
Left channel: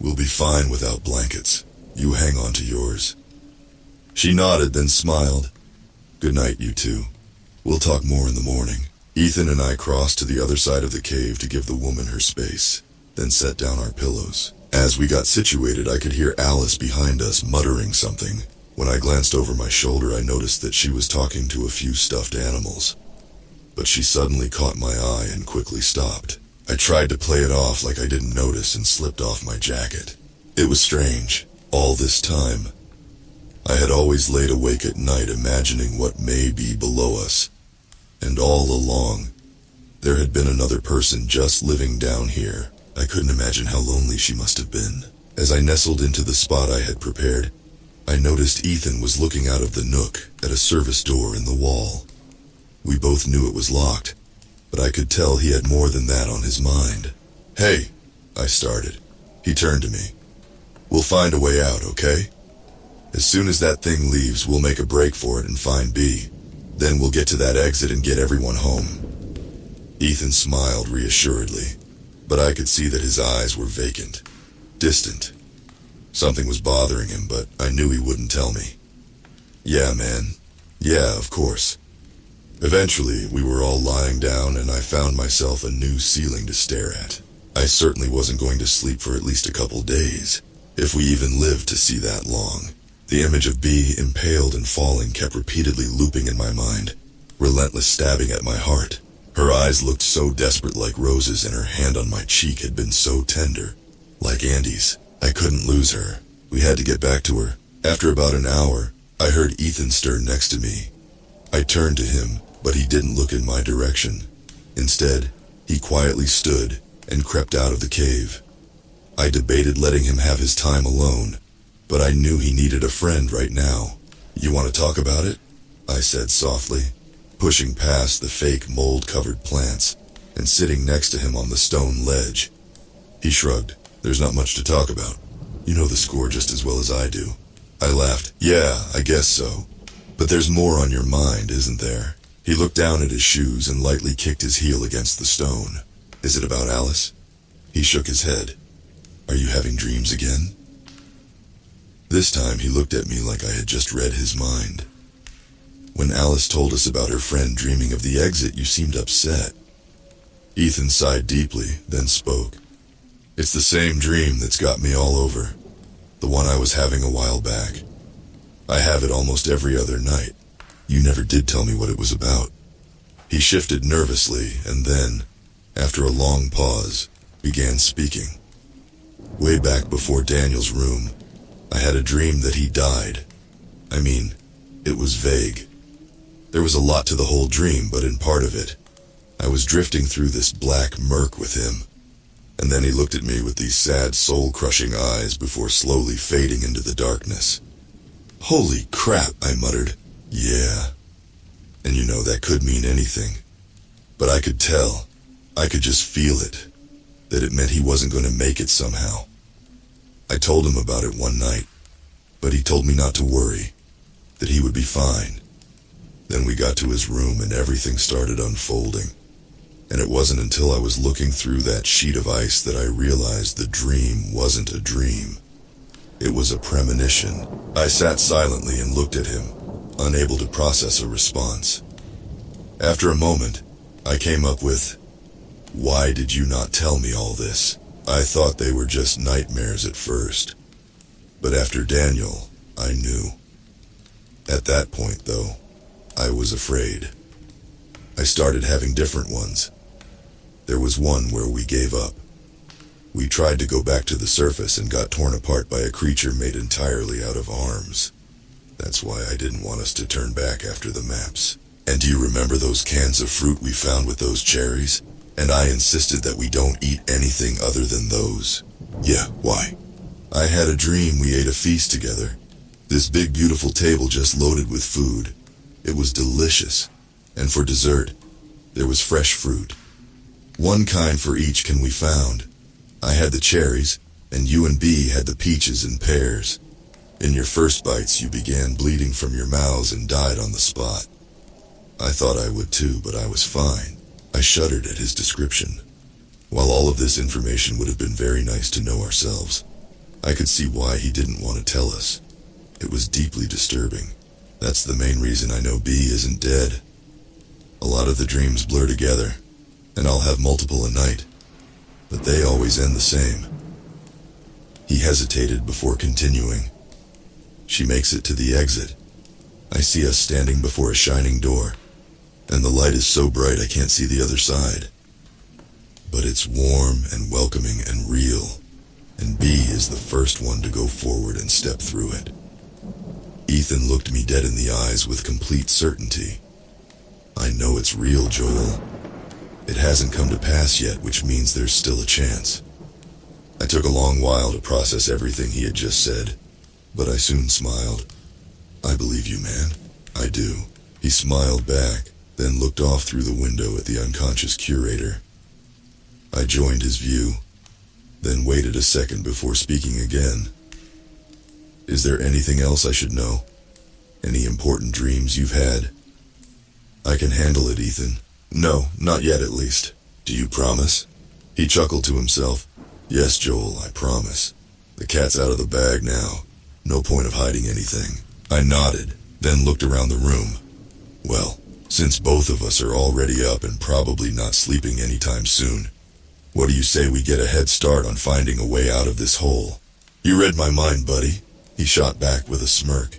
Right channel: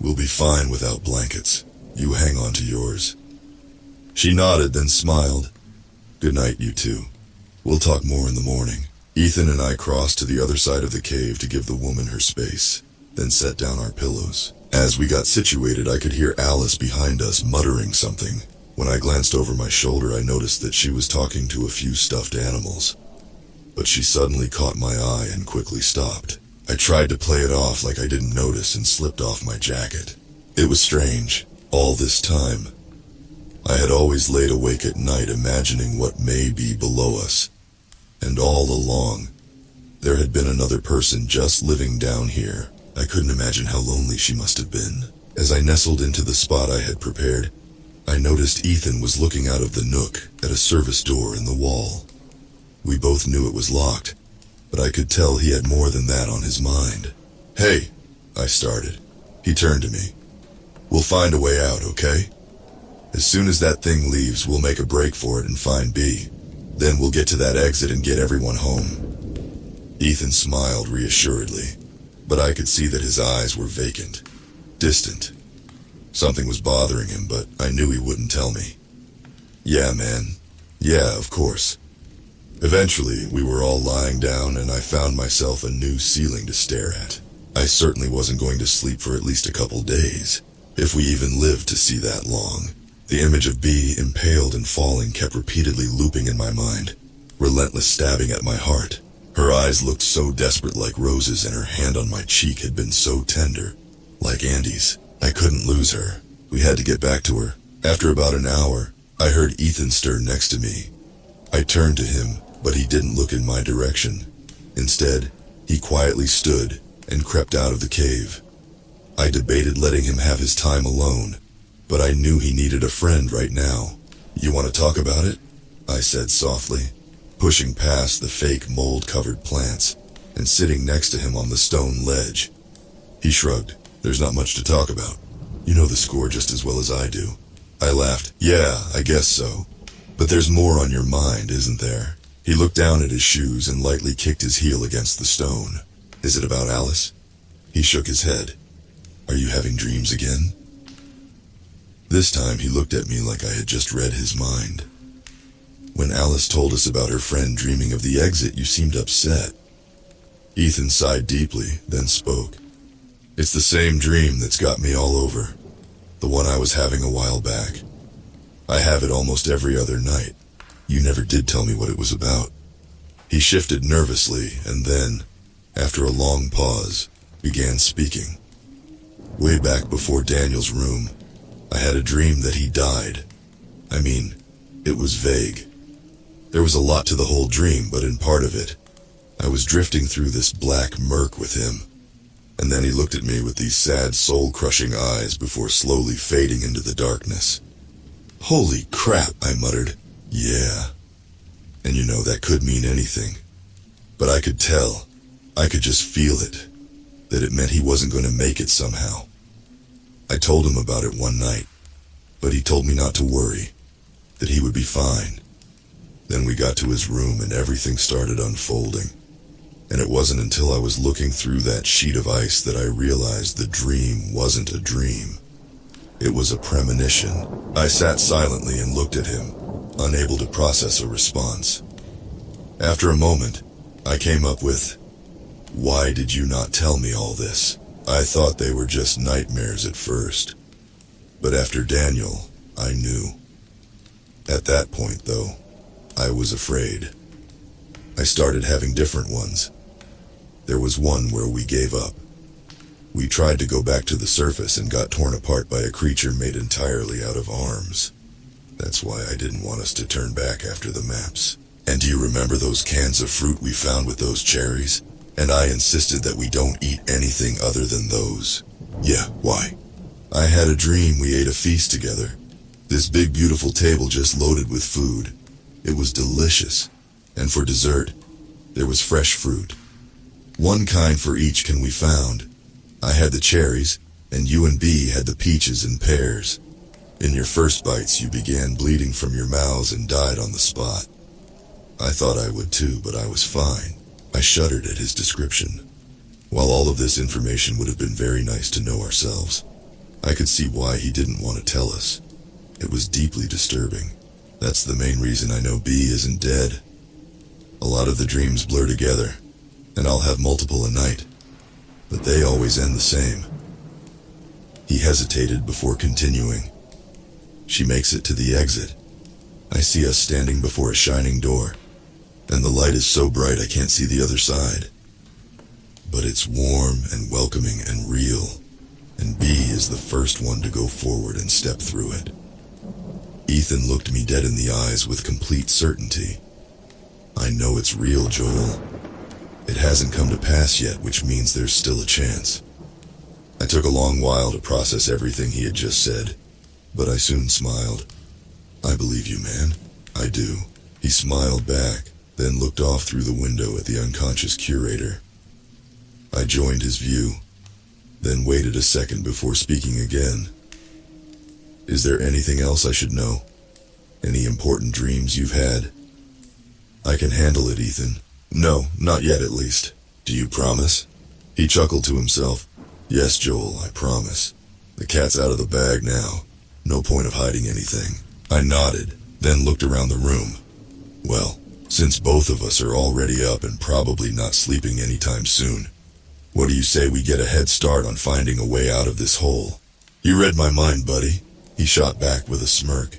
We'll be fine without blankets. You hang on to yours. She nodded, then smiled. Good night, you two. We'll talk more in the morning. Ethan and I crossed to the other side of the cave to give the woman her space, then set down our pillows. As we got situated, I could hear Alice behind us muttering something. When I glanced over my shoulder, I noticed that she was talking to a few stuffed animals. But she suddenly caught my eye and quickly stopped. I tried to play it off like I didn't notice and slipped off my jacket. It was strange. All this time, I had always laid awake at night imagining what may be below us. And all along, there had been another person just living down here. I couldn't imagine how lonely she must have been. As I nestled into the spot I had prepared, I noticed Ethan was looking out of the nook at a service door in the wall. We both knew it was locked, but I could tell he had more than that on his mind. Hey, I started. He turned to me. We'll find a way out, okay? As soon as that thing leaves, we'll make a break for it and find B. Then we'll get to that exit and get everyone home. Ethan smiled reassuredly, but I could see that his eyes were vacant, distant. Something was bothering him, but I knew he wouldn't tell me. Yeah, man. Yeah, of course. Eventually, we were all lying down and I found myself a new ceiling to stare at. I certainly wasn't going to sleep for at least a couple days, if we even lived to see that long. The image of B impaled and falling kept repeatedly looping in my mind, relentless stabbing at my heart. Her eyes looked so desperate like roses and her hand on my cheek had been so tender, like Andy's. I couldn't lose her. We had to get back to her. After about an hour, I heard Ethan stir next to me. I turned to him, but he didn't look in my direction. Instead, he quietly stood and crept out of the cave. I debated letting him have his time alone, but I knew he needed a friend right now. You want to talk about it? I said softly, pushing past the fake mold-covered plants and sitting next to him on the stone ledge. He shrugged. There's not much to talk about. You know the score just as well as I do. I laughed. Yeah, I guess so. But there's more on your mind, isn't there? He looked down at his shoes and lightly kicked his heel against the stone. Is it about Alice? He shook his head. Are you having dreams again? This time he looked at me like I had just read his mind. When Alice told us about her friend dreaming of the exit, you seemed upset. Ethan sighed deeply, then spoke. It's the same dream that's got me all over. The one I was having a while back. I have it almost every other night. You never did tell me what it was about. He shifted nervously and then, after a long pause, began speaking. Way back before Daniel's room, I had a dream that he died. I mean, it was vague. There was a lot to the whole dream, but in part of it, I was drifting through this black murk with him. And then he looked at me with these sad, soul-crushing eyes before slowly fading into the darkness. Holy crap, I muttered. Yeah. And you know, that could mean anything. But I could tell, I could just feel it, that it meant he wasn't going to make it somehow. I told him about it one night, but he told me not to worry, that he would be fine. Then we got to his room and everything started unfolding. And it wasn't until I was looking through that sheet of ice that I realized the dream wasn't a dream. It was a premonition. I sat silently and looked at him, unable to process a response. After a moment, I came up with, "Why did you not tell me all this? I thought they were just nightmares at first. But after Daniel, I knew." At that point, though, I was afraid. I started having different ones. There was one where we gave up. We tried to go back to the surface and got torn apart by a creature made entirely out of arms. That's why I didn't want us to turn back after the maps. And do you remember those cans of fruit we found with those cherries? And I insisted that we don't eat anything other than those. Yeah, why? I had a dream we ate a feast together. This big beautiful table just loaded with food. It was delicious. And for dessert, there was fresh fruit. One kind for each can we found. I had the cherries, and you and B had the peaches and pears. In your first bites you began bleeding from your mouths and died on the spot. I thought I would too, but I was fine. I shuddered at his description. While all of this information would have been very nice to know ourselves, I could see why he didn't want to tell us. It was deeply disturbing. That's the main reason I know B isn't dead. A lot of the dreams blur together, and I'll have multiple a night, but they always end the same. He hesitated before continuing. She makes it to the exit. I see us standing before a shining door, and the light is so bright I can't see the other side. But it's warm and welcoming and real, and B is the first one to go forward and step through it. Ethan looked me dead in the eyes with complete certainty. I know it's real, Joel. It hasn't come to pass yet, which means there's still a chance. I took a long while to process everything he had just said, but I soon smiled. I believe you, man. I do. He smiled back, then looked off through the window at the unconscious curator. I joined his view, then waited a second before speaking again. Is there anything else I should know? Any important dreams you've had? I can handle it, Ethan. No, not yet at least. Do you promise? He chuckled to himself. Yes, Joel, I promise. The cat's out of the bag now. No point of hiding anything. I nodded, then looked around the room. Well, since both of us are already up and probably not sleeping anytime soon, what do you say we get a head start on finding a way out of this hole? You read my mind, buddy, he shot back with a smirk.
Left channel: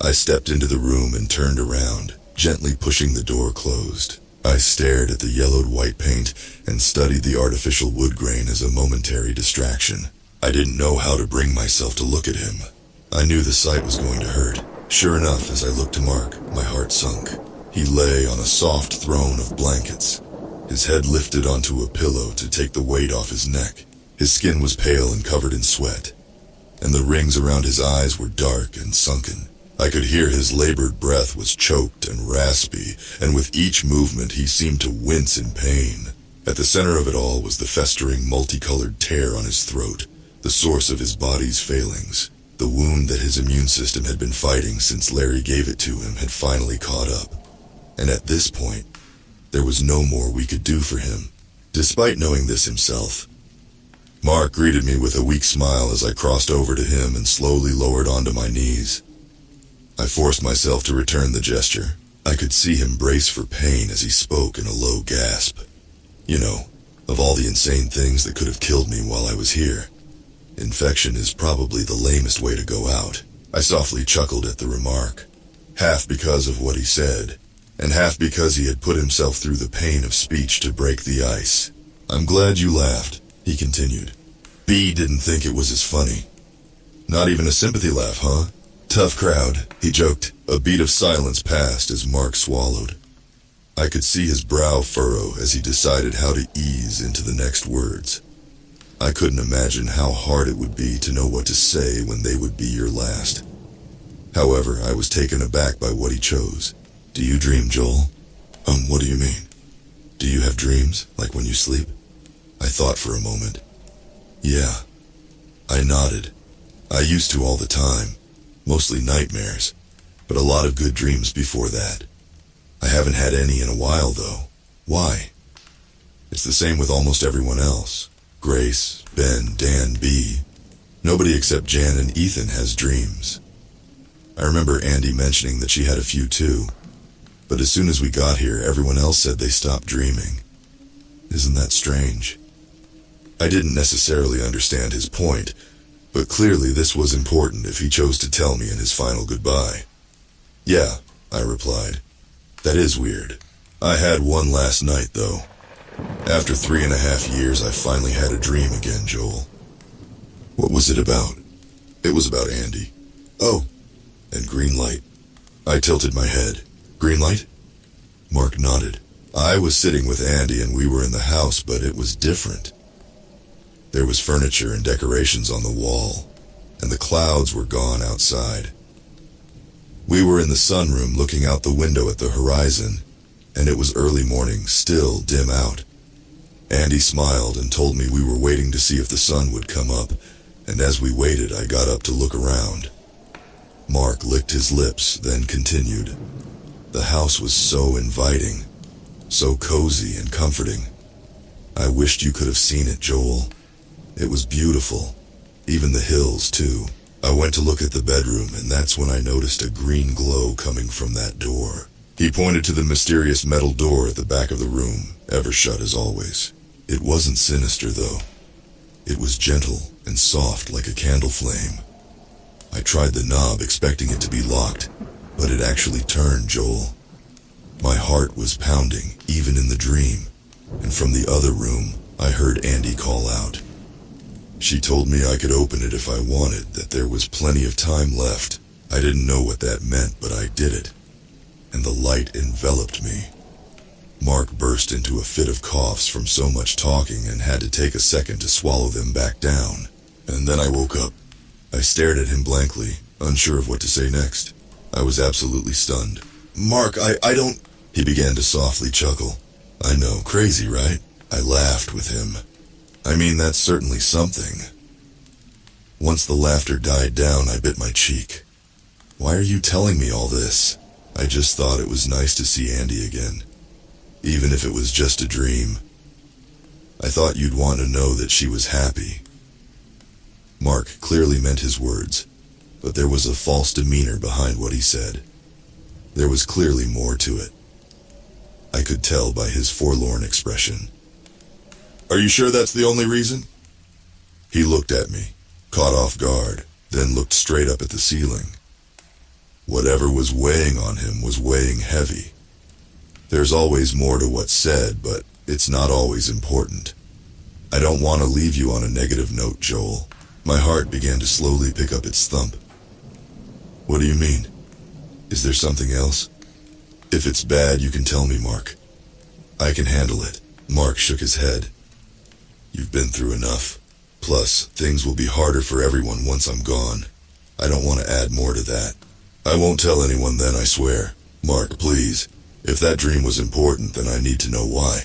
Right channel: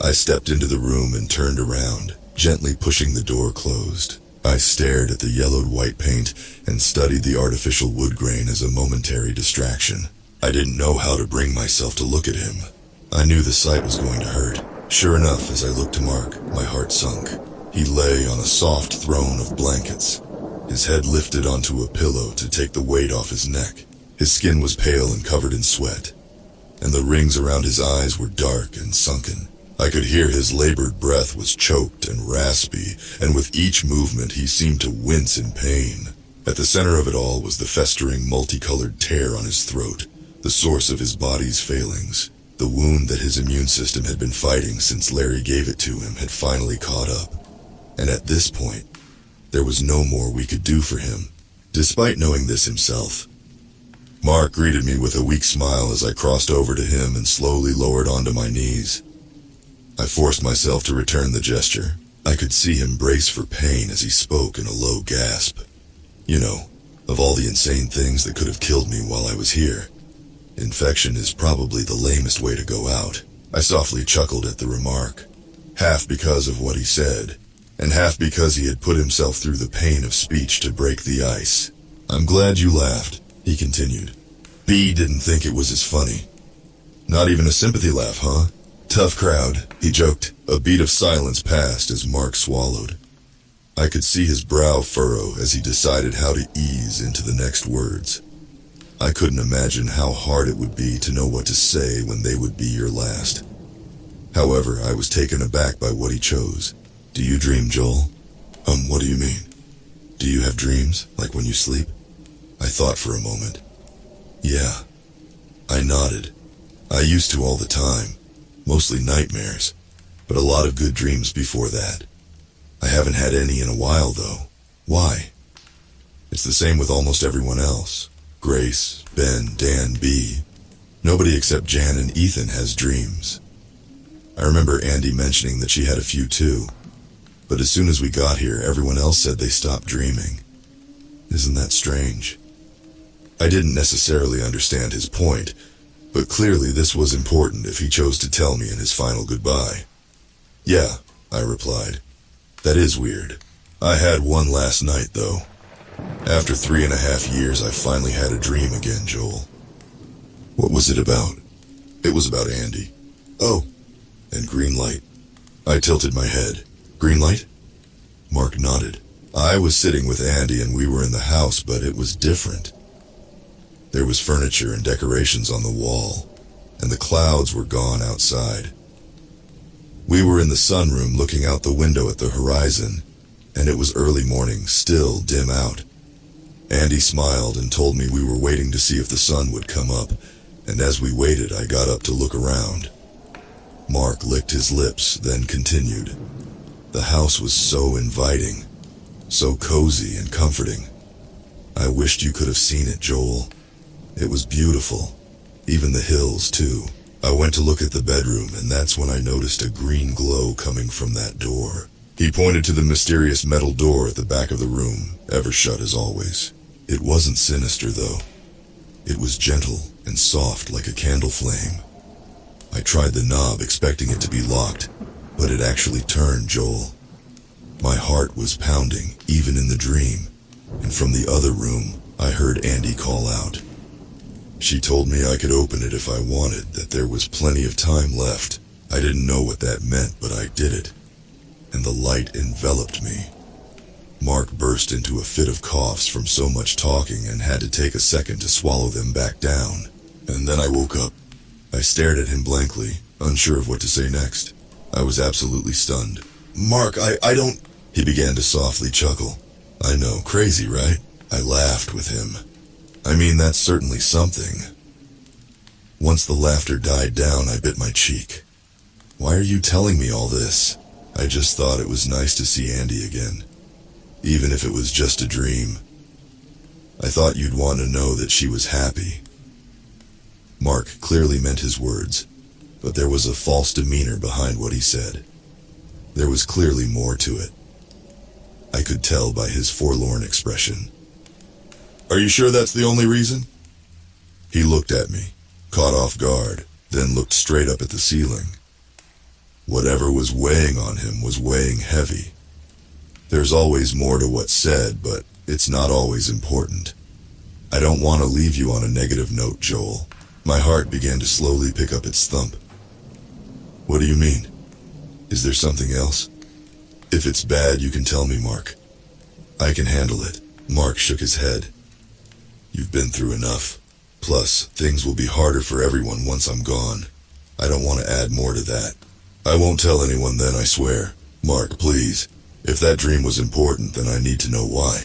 I stepped into the room and turned around, gently pushing the door closed. I stared at the yellowed white paint and studied the artificial wood grain as a momentary distraction. I didn't know how to bring myself to look at him. I knew the sight was going to hurt. Sure enough, as I looked to Mark, my heart sunk. He lay on a soft throne of blankets, his head lifted onto a pillow to take the weight off his neck. His skin was pale and covered in sweat, and the rings around his eyes were dark and sunken. I could hear his labored breath was choked and raspy, and with each movement he seemed to wince in pain. At the center of it all was the festering, multicolored tear on his throat, the source of his body's failings. The wound that his immune system had been fighting since Larry gave it to him had finally caught up. And at this point, there was no more we could do for him, despite knowing this himself. Mark greeted me with a weak smile as I crossed over to him and slowly lowered onto my knees. I forced myself to return the gesture. I could see him brace for pain as he spoke in a low gasp. You know, of all the insane things that could have killed me while I was here, infection is probably the lamest way to go out. I softly chuckled at the remark, half because of what he said, and half because he had put himself through the pain of speech to break the ice. I'm glad you laughed, he continued. B didn't think it was as funny. Not even a sympathy laugh, huh? Tough crowd, he joked. A beat of silence passed as Mark swallowed. I could see his brow furrow as he decided how to ease into the next words. I couldn't imagine how hard it would be to know what to say when they would be your last. However, I was taken aback by what he chose. Do you dream, Joel? What do you mean? Do you have dreams, like when you sleep? I thought for a moment. Yeah. I nodded. I used to all the time. Mostly nightmares, but a lot of good dreams before that. I haven't had any in a while, though. Why? It's the same with almost everyone else. Grace, Ben, Dan, B. Nobody except Jan and Ethan has dreams. I remember Andy mentioning that she had a few too, but as soon as we got here, everyone else said they stopped dreaming. Isn't that strange? I didn't necessarily understand his point, but clearly this was important if he chose to tell me in his final goodbye. Yeah, I replied. That is weird. I had one last night, though. After 3.5 years, I finally had a dream again, Joel. What was it about? It was about Andy. Oh, and green light. I tilted my head. Green light? Mark nodded. I was sitting with Andy and we were in the house, but it was different. There was furniture and decorations on the wall, and the clouds were gone outside. We were in the sunroom looking out the window at the horizon, and it was early morning, still dim out. Andy smiled and told me we were waiting to see if the sun would come up, and as we waited, I got up to look around. Mark licked his lips, then continued. The house was so inviting, so cozy and comforting. I wished you could have seen it, Joel. It was beautiful. Even the hills, too. I went to look at the bedroom, and that's when I noticed a green glow coming from that door. He pointed to the mysterious metal door at the back of the room, ever shut as always. It wasn't sinister, though. It was gentle and soft like a candle flame. I tried the knob expecting it to be locked, but it actually turned, Joel. My heart was pounding, even in the dream, and from the other room, I heard Andy call out. She told me I could open it if I wanted, that there was plenty of time left. I didn't know what that meant, but I did it, and the light enveloped me. Mark burst into a fit of coughs from so much talking and had to take a second to swallow them back down. And then I woke up. I stared at him blankly, unsure of what to say next. I was absolutely stunned. Mark, I don't... He began to softly chuckle. I know, crazy, right? I laughed with him. I mean, that's certainly something. Once the laughter died down, I bit my cheek. Why are you telling me all this? I just thought it was nice to see Andy again. Even if it was just a dream. I thought you'd want to know that she was happy. Mark clearly meant his words, but there was a false demeanor behind what he said. There was clearly more to it. I could tell by his forlorn expression. Are you sure that's the only reason? He looked at me, caught off guard, then looked straight up at the ceiling. Whatever was weighing on him was weighing heavy. There's always more to what's said, but it's not always important. I don't want to leave you on a negative note, Joel. My heart began to slowly pick up its thump. What do you mean? Is there something else? If it's bad, you can tell me, Mark. I can handle it. Mark shook his head. You've been through enough. Plus, things will be harder for everyone once I'm gone. I don't want to add more to that. I won't tell anyone then, I swear. Mark, please. If that dream was important, then I need to know why.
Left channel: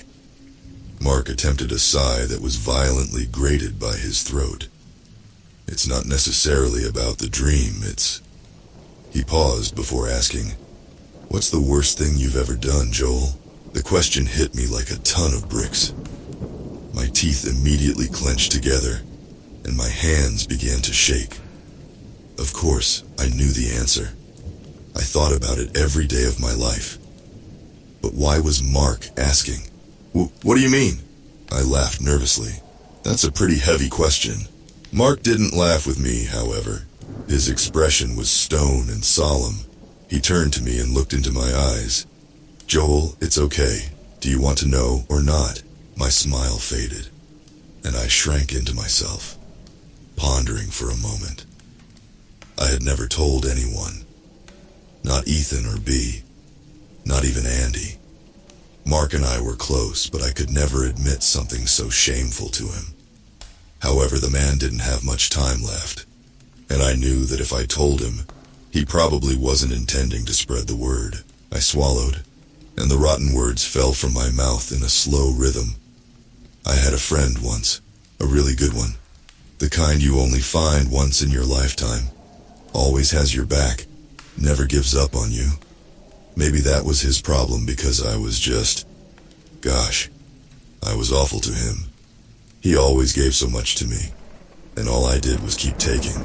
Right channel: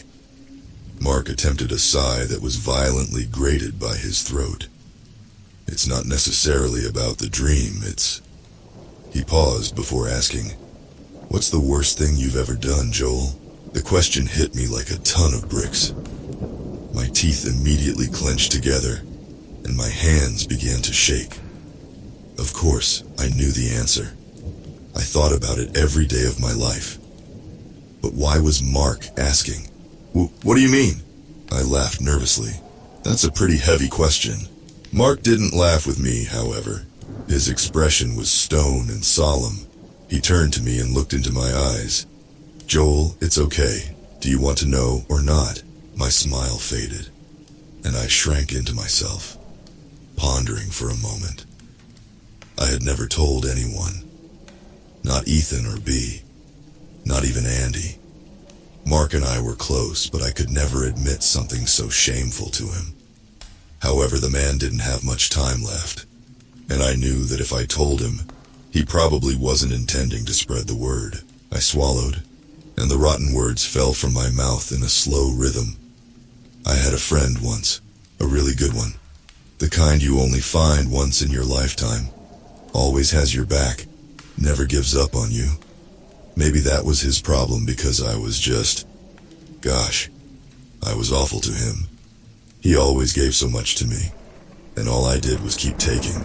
Mark attempted a sigh that was violently grated by his throat. It's not necessarily about the dream, it's... He paused before asking, What's the worst thing you've ever done, Joel? The question hit me like a ton of bricks. My teeth immediately clenched together, and my hands began to shake. Of course, I knew the answer. I thought about it every day of my life. But why was Mark asking? What do you mean? I laughed nervously. That's a pretty heavy question. Mark didn't laugh with me, however. His expression was stone and solemn. He turned to me and looked into my eyes. Joel, it's okay. Do you want to know or not? My smile faded, and I shrank into myself, pondering for a moment. I had never told anyone. Not Ethan or B. Not even Andy. Mark and I were close, but I could never admit something so shameful to him. However, the man didn't have much time left, and I knew that if I told him, he probably wasn't intending to spread the word. I swallowed, and the rotten words fell from my mouth in a slow rhythm. I had a friend once, a really good one. The kind you only find once in your lifetime. Always has your back, never gives up on you. Maybe that was his problem because I was just... Gosh, I was awful to him. He always gave so much to me, and all I did was keep taking.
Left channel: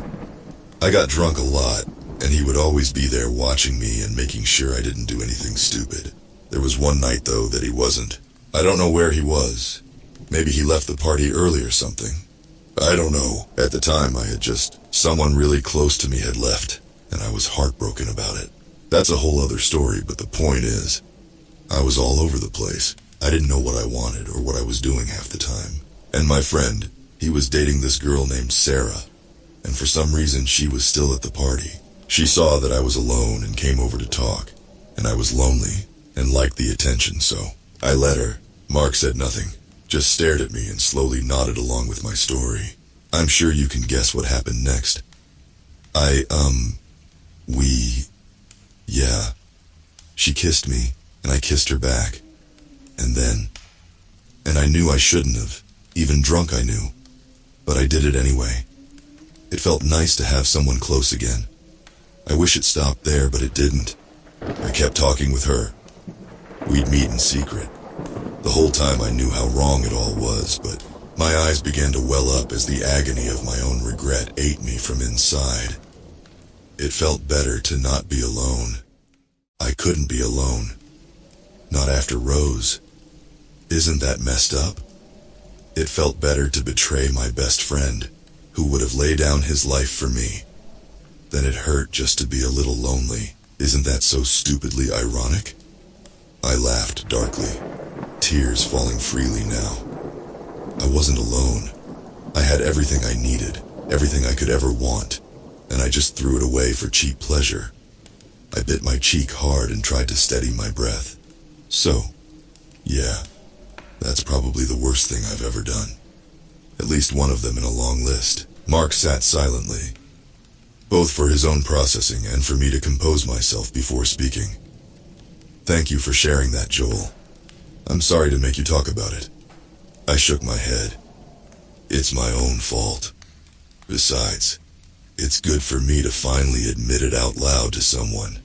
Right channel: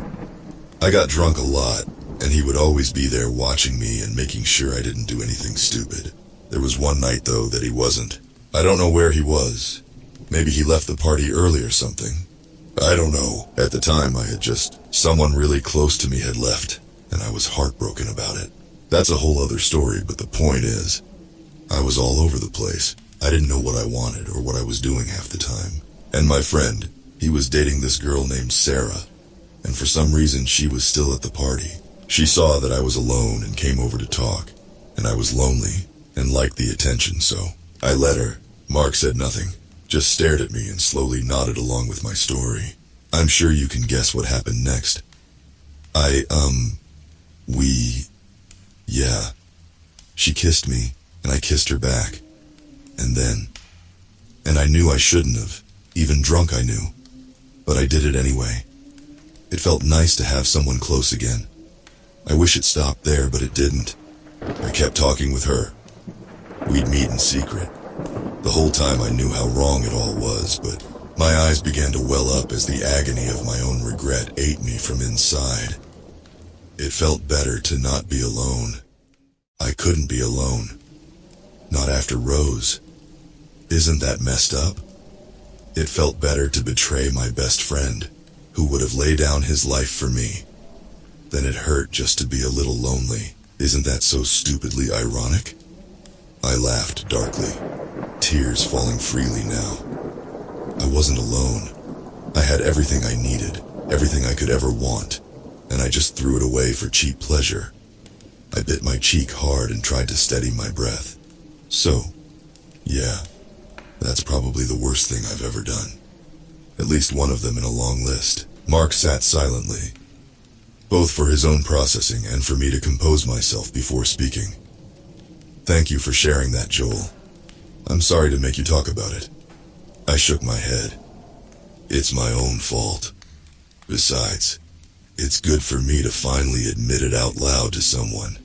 I got drunk a lot, and he would always be there watching me and making sure I didn't do anything stupid. There was one night, though, that he wasn't. I don't know where he was. Maybe he left the party early or something. I don't know. At the time, I had just... Someone really close to me had left, and I was heartbroken about it. That's a whole other story, but the point is, I was all over the place. I didn't know what I wanted or what I was doing half the time. And my friend, he was dating this girl named Sarah, and for some reason she was still at the party. She saw that I was alone and came over to talk, and I was lonely and liked the attention, so I let her. Mark said nothing, just stared at me and slowly nodded along with my story. I'm sure you can guess what happened next. She kissed me, and I kissed her back. And then, And I knew I shouldn't have. Even drunk I knew. But I did it anyway. It felt nice to have someone close again. I wish it stopped there, but it didn't. I kept talking with her. We'd meet in secret. The whole time I knew how wrong it all was, but my eyes began to well up as the agony of my own regret ate me from inside. It felt better to not be alone. I couldn't be alone. Not after Rose. Isn't that messed up? It felt better to betray my best friend, who would have laid down his life for me, than it hurt just to be a little lonely. Isn't that so stupidly ironic? I laughed darkly, tears falling freely now. I wasn't alone. I had everything I needed, everything I could ever want, and I just threw it away for cheap pleasure. I bit my cheek hard and tried to steady my breath. So, yeah, that's probably the worst thing I've ever done. At least one of them in a long list. Mark sat silently, both for his own processing and for me to compose myself before speaking. Thank you for sharing that, Joel. I'm sorry to make you talk about it. I shook my head. It's my own fault. Besides, it's good for me to finally admit it out loud to someone.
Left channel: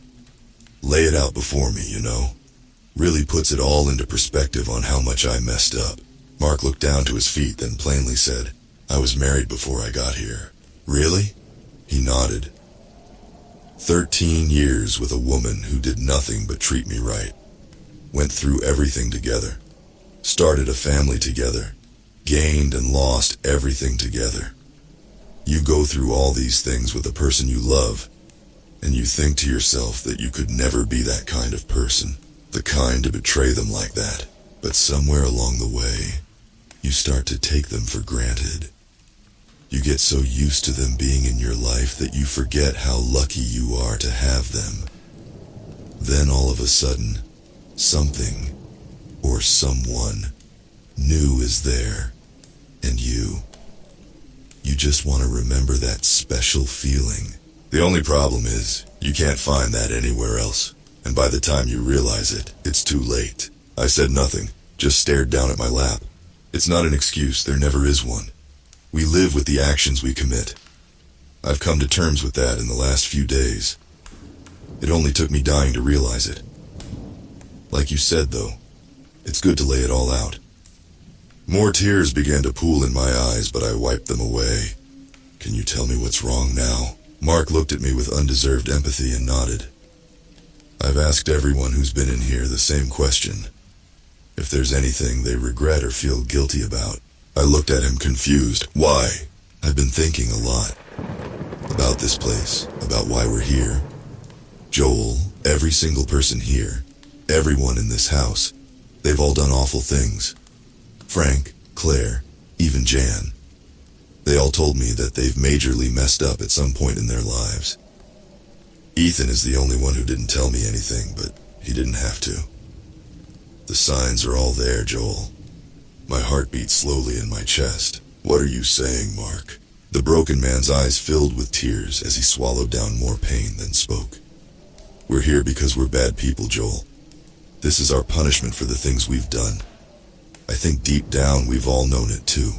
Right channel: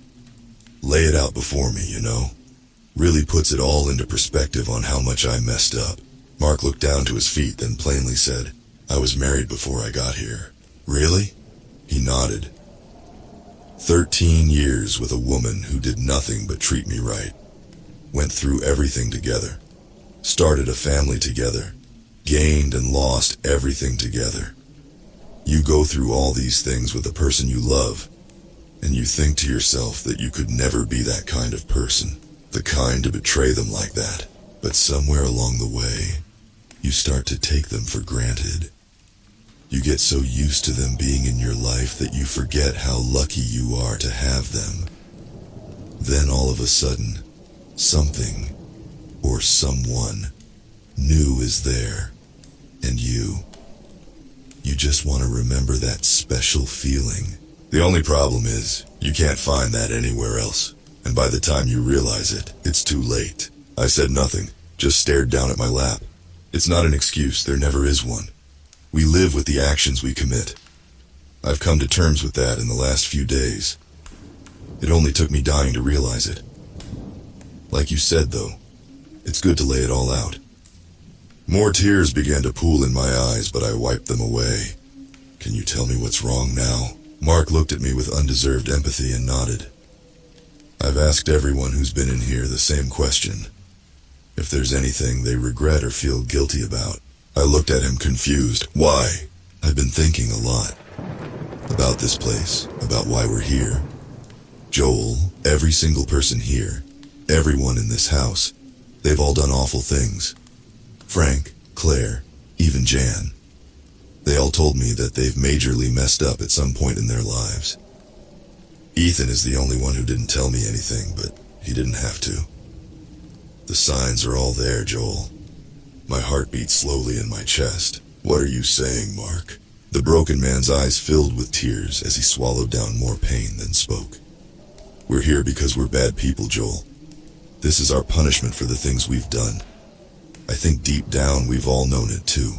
Lay it out before me, you know? Really puts it all into perspective on how much I messed up. Mark looked down to his feet, then plainly said, I was married before I got here. Really? He nodded. 13 years with a woman who did nothing but treat me right. Went through everything together. Started a family together. Gained and lost everything together. You go through all these things with the person you love, and you think to yourself that you could never be that kind of person, the kind to betray them like that. But somewhere along the way, you start to take them for granted. You get so used to them being in your life that you forget how lucky you are to have them. Then all of a sudden, something, or someone, new is there, and you just want to remember that special feeling. The only problem is, you can't find that anywhere else, and by the time you realize it, it's too late. I said nothing, just stared down at my lap. It's not an excuse, there never is one. We live with the actions we commit. I've come to terms with that in the last few days. It only took me dying to realize it. Like you said, though, it's good to lay it all out. More tears began to pool in my eyes, but I wiped them away. Can you tell me what's wrong now? Mark looked at me with undeserved empathy and nodded. I've asked everyone who's been in here the same question. If there's anything they regret or feel guilty about. I looked at him confused. Why? I've been thinking a lot. About this place, about why we're here. Joel, every single person here, everyone in this house, they've all done awful things. Frank, Claire, even Jan. They all told me that they've majorly messed up at some point in their lives. Ethan is the only one who didn't tell me anything, but he didn't have to. The signs are all there, Joel. My heart beat slowly in my chest. What are you saying, Mark? The broken man's eyes filled with tears as he swallowed down more pain than spoke. We're here because we're bad people, Joel. This is our punishment for the things we've done. I think deep down we've all known it too.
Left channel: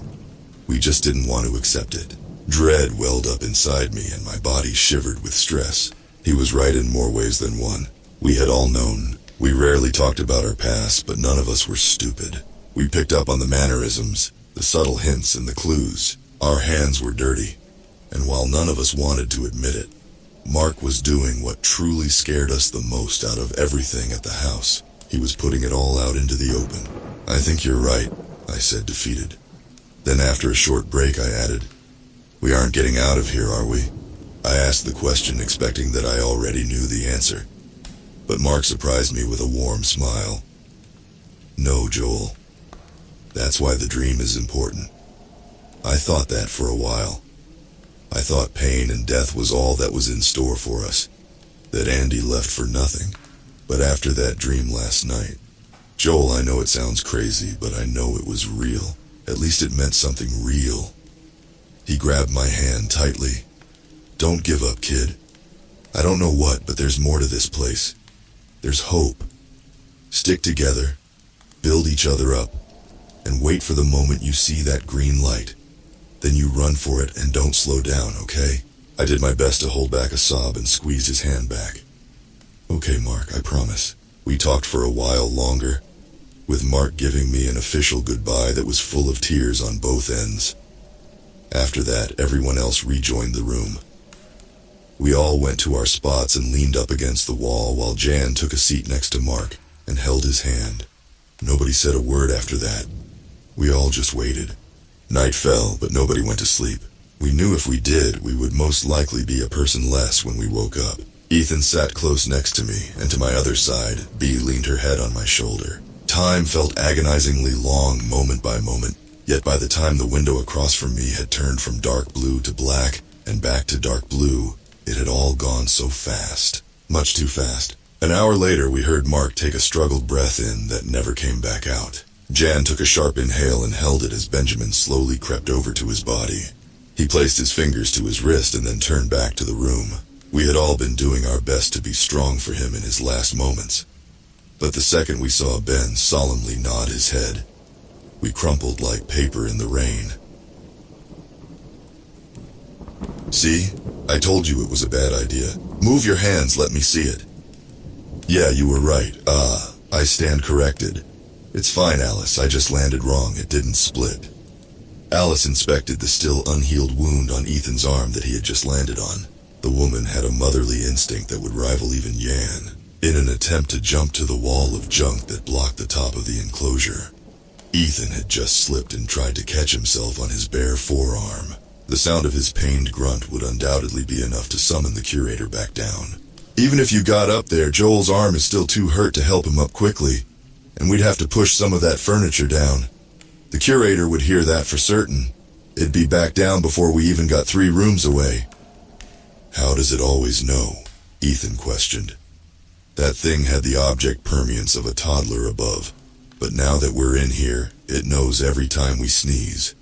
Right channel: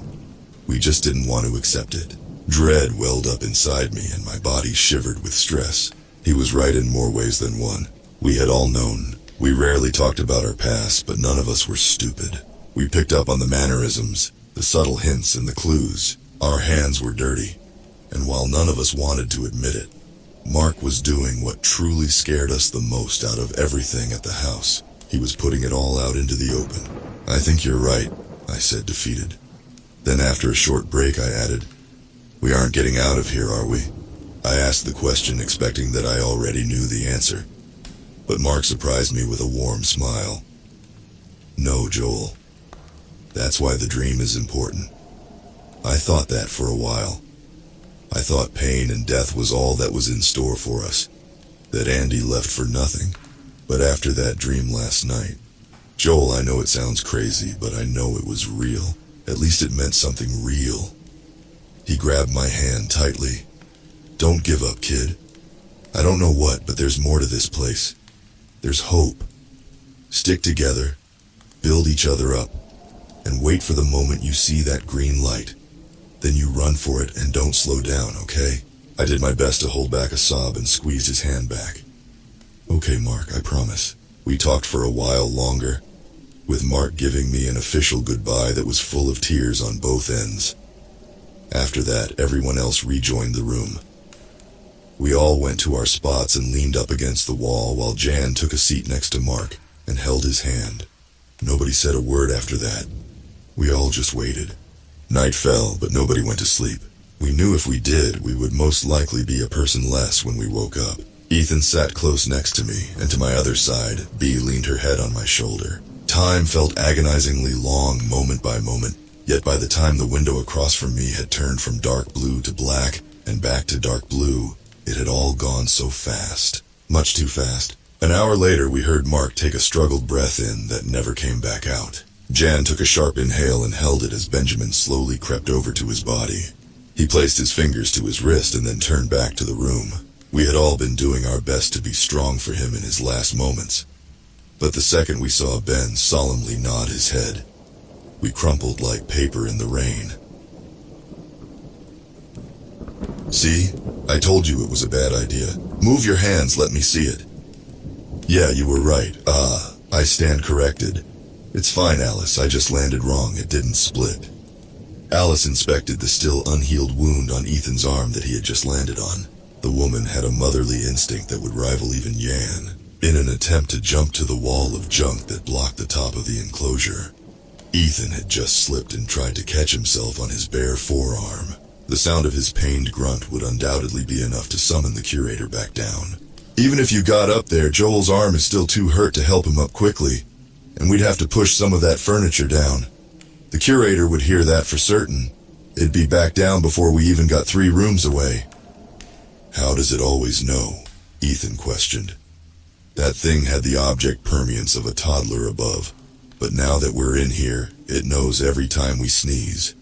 We just didn't want to accept it. Dread welled up inside me and my body shivered with stress. He was right in more ways than one. We had all known. We rarely talked about our past, but none of us were stupid. We picked up on the mannerisms, the subtle hints and the clues. Our hands were dirty. And while none of us wanted to admit it, Mark was doing what truly scared us the most out of everything at the house. He was putting it all out into the open. I think you're right, I said, defeated. Then after a short break, I added, we aren't getting out of here, are we? I asked the question expecting that I already knew the answer. But Mark surprised me with a warm smile. No, Joel. That's why the dream is important. I thought that for a while. I thought pain and death was all that was in store for us. That Andy left for nothing. But after that dream last night, Joel, I know it sounds crazy, but I know it was real. At least it meant something real. He grabbed my hand tightly. Don't give up, kid. I don't know what, but there's more to this place. There's hope. Stick together. Build each other up. and wait for the moment you see that green light. Then you run for it and don't slow down, okay? I did my best to hold back a sob and squeezed his hand back. Okay, Mark, I promise. We talked for a while longer, with Mark giving me an official goodbye that was full of tears on both ends. After that, everyone else rejoined the room. We all went to our spots and leaned up against the wall while Jan took a seat next to Mark and held his hand. Nobody said a word after that. We all just waited. Night fell, but nobody went to sleep. We knew if we did, we would most likely be a person less when we woke up. Ethan sat close next to me, and to my other side, Bea leaned her head on my shoulder. Time felt agonizingly long moment by moment, yet by the time the window across from me had turned from dark blue to black and back to dark blue, it had all gone so fast. Much too fast. An hour later, we heard Mark take a struggled breath in that never came back out. Jan took a sharp inhale and held it as Benjamin slowly crept over to his body. He placed his fingers to his wrist and then turned back to the room. We had all been doing our best to be strong for him in his last moments. But the second we saw Ben solemnly nod his head, we crumpled like paper in the rain. See? I told you it was a bad idea. Move your hands, let me see it. Yeah, you were right. I stand corrected. It's fine, Alice, I just landed wrong, it didn't split. Alice inspected the still unhealed wound on Ethan's arm that he had just landed on. The woman had a motherly instinct that would rival even Jan, in an attempt to jump to the wall of junk that blocked the top of the enclosure. Ethan had just slipped and tried to catch himself on his bare forearm. The sound of his pained grunt would undoubtedly be enough to summon the curator back down. Even if you got up there, Joel's arm is still too hurt to help him up quickly, and we'd have to push some of that furniture down. The curator would hear that for certain. It'd be back down before we even got 3 rooms away. How does it always know? Ethan questioned. That thing had the object permanence of a toddler above, but now that we're in here, it knows every time we sneeze.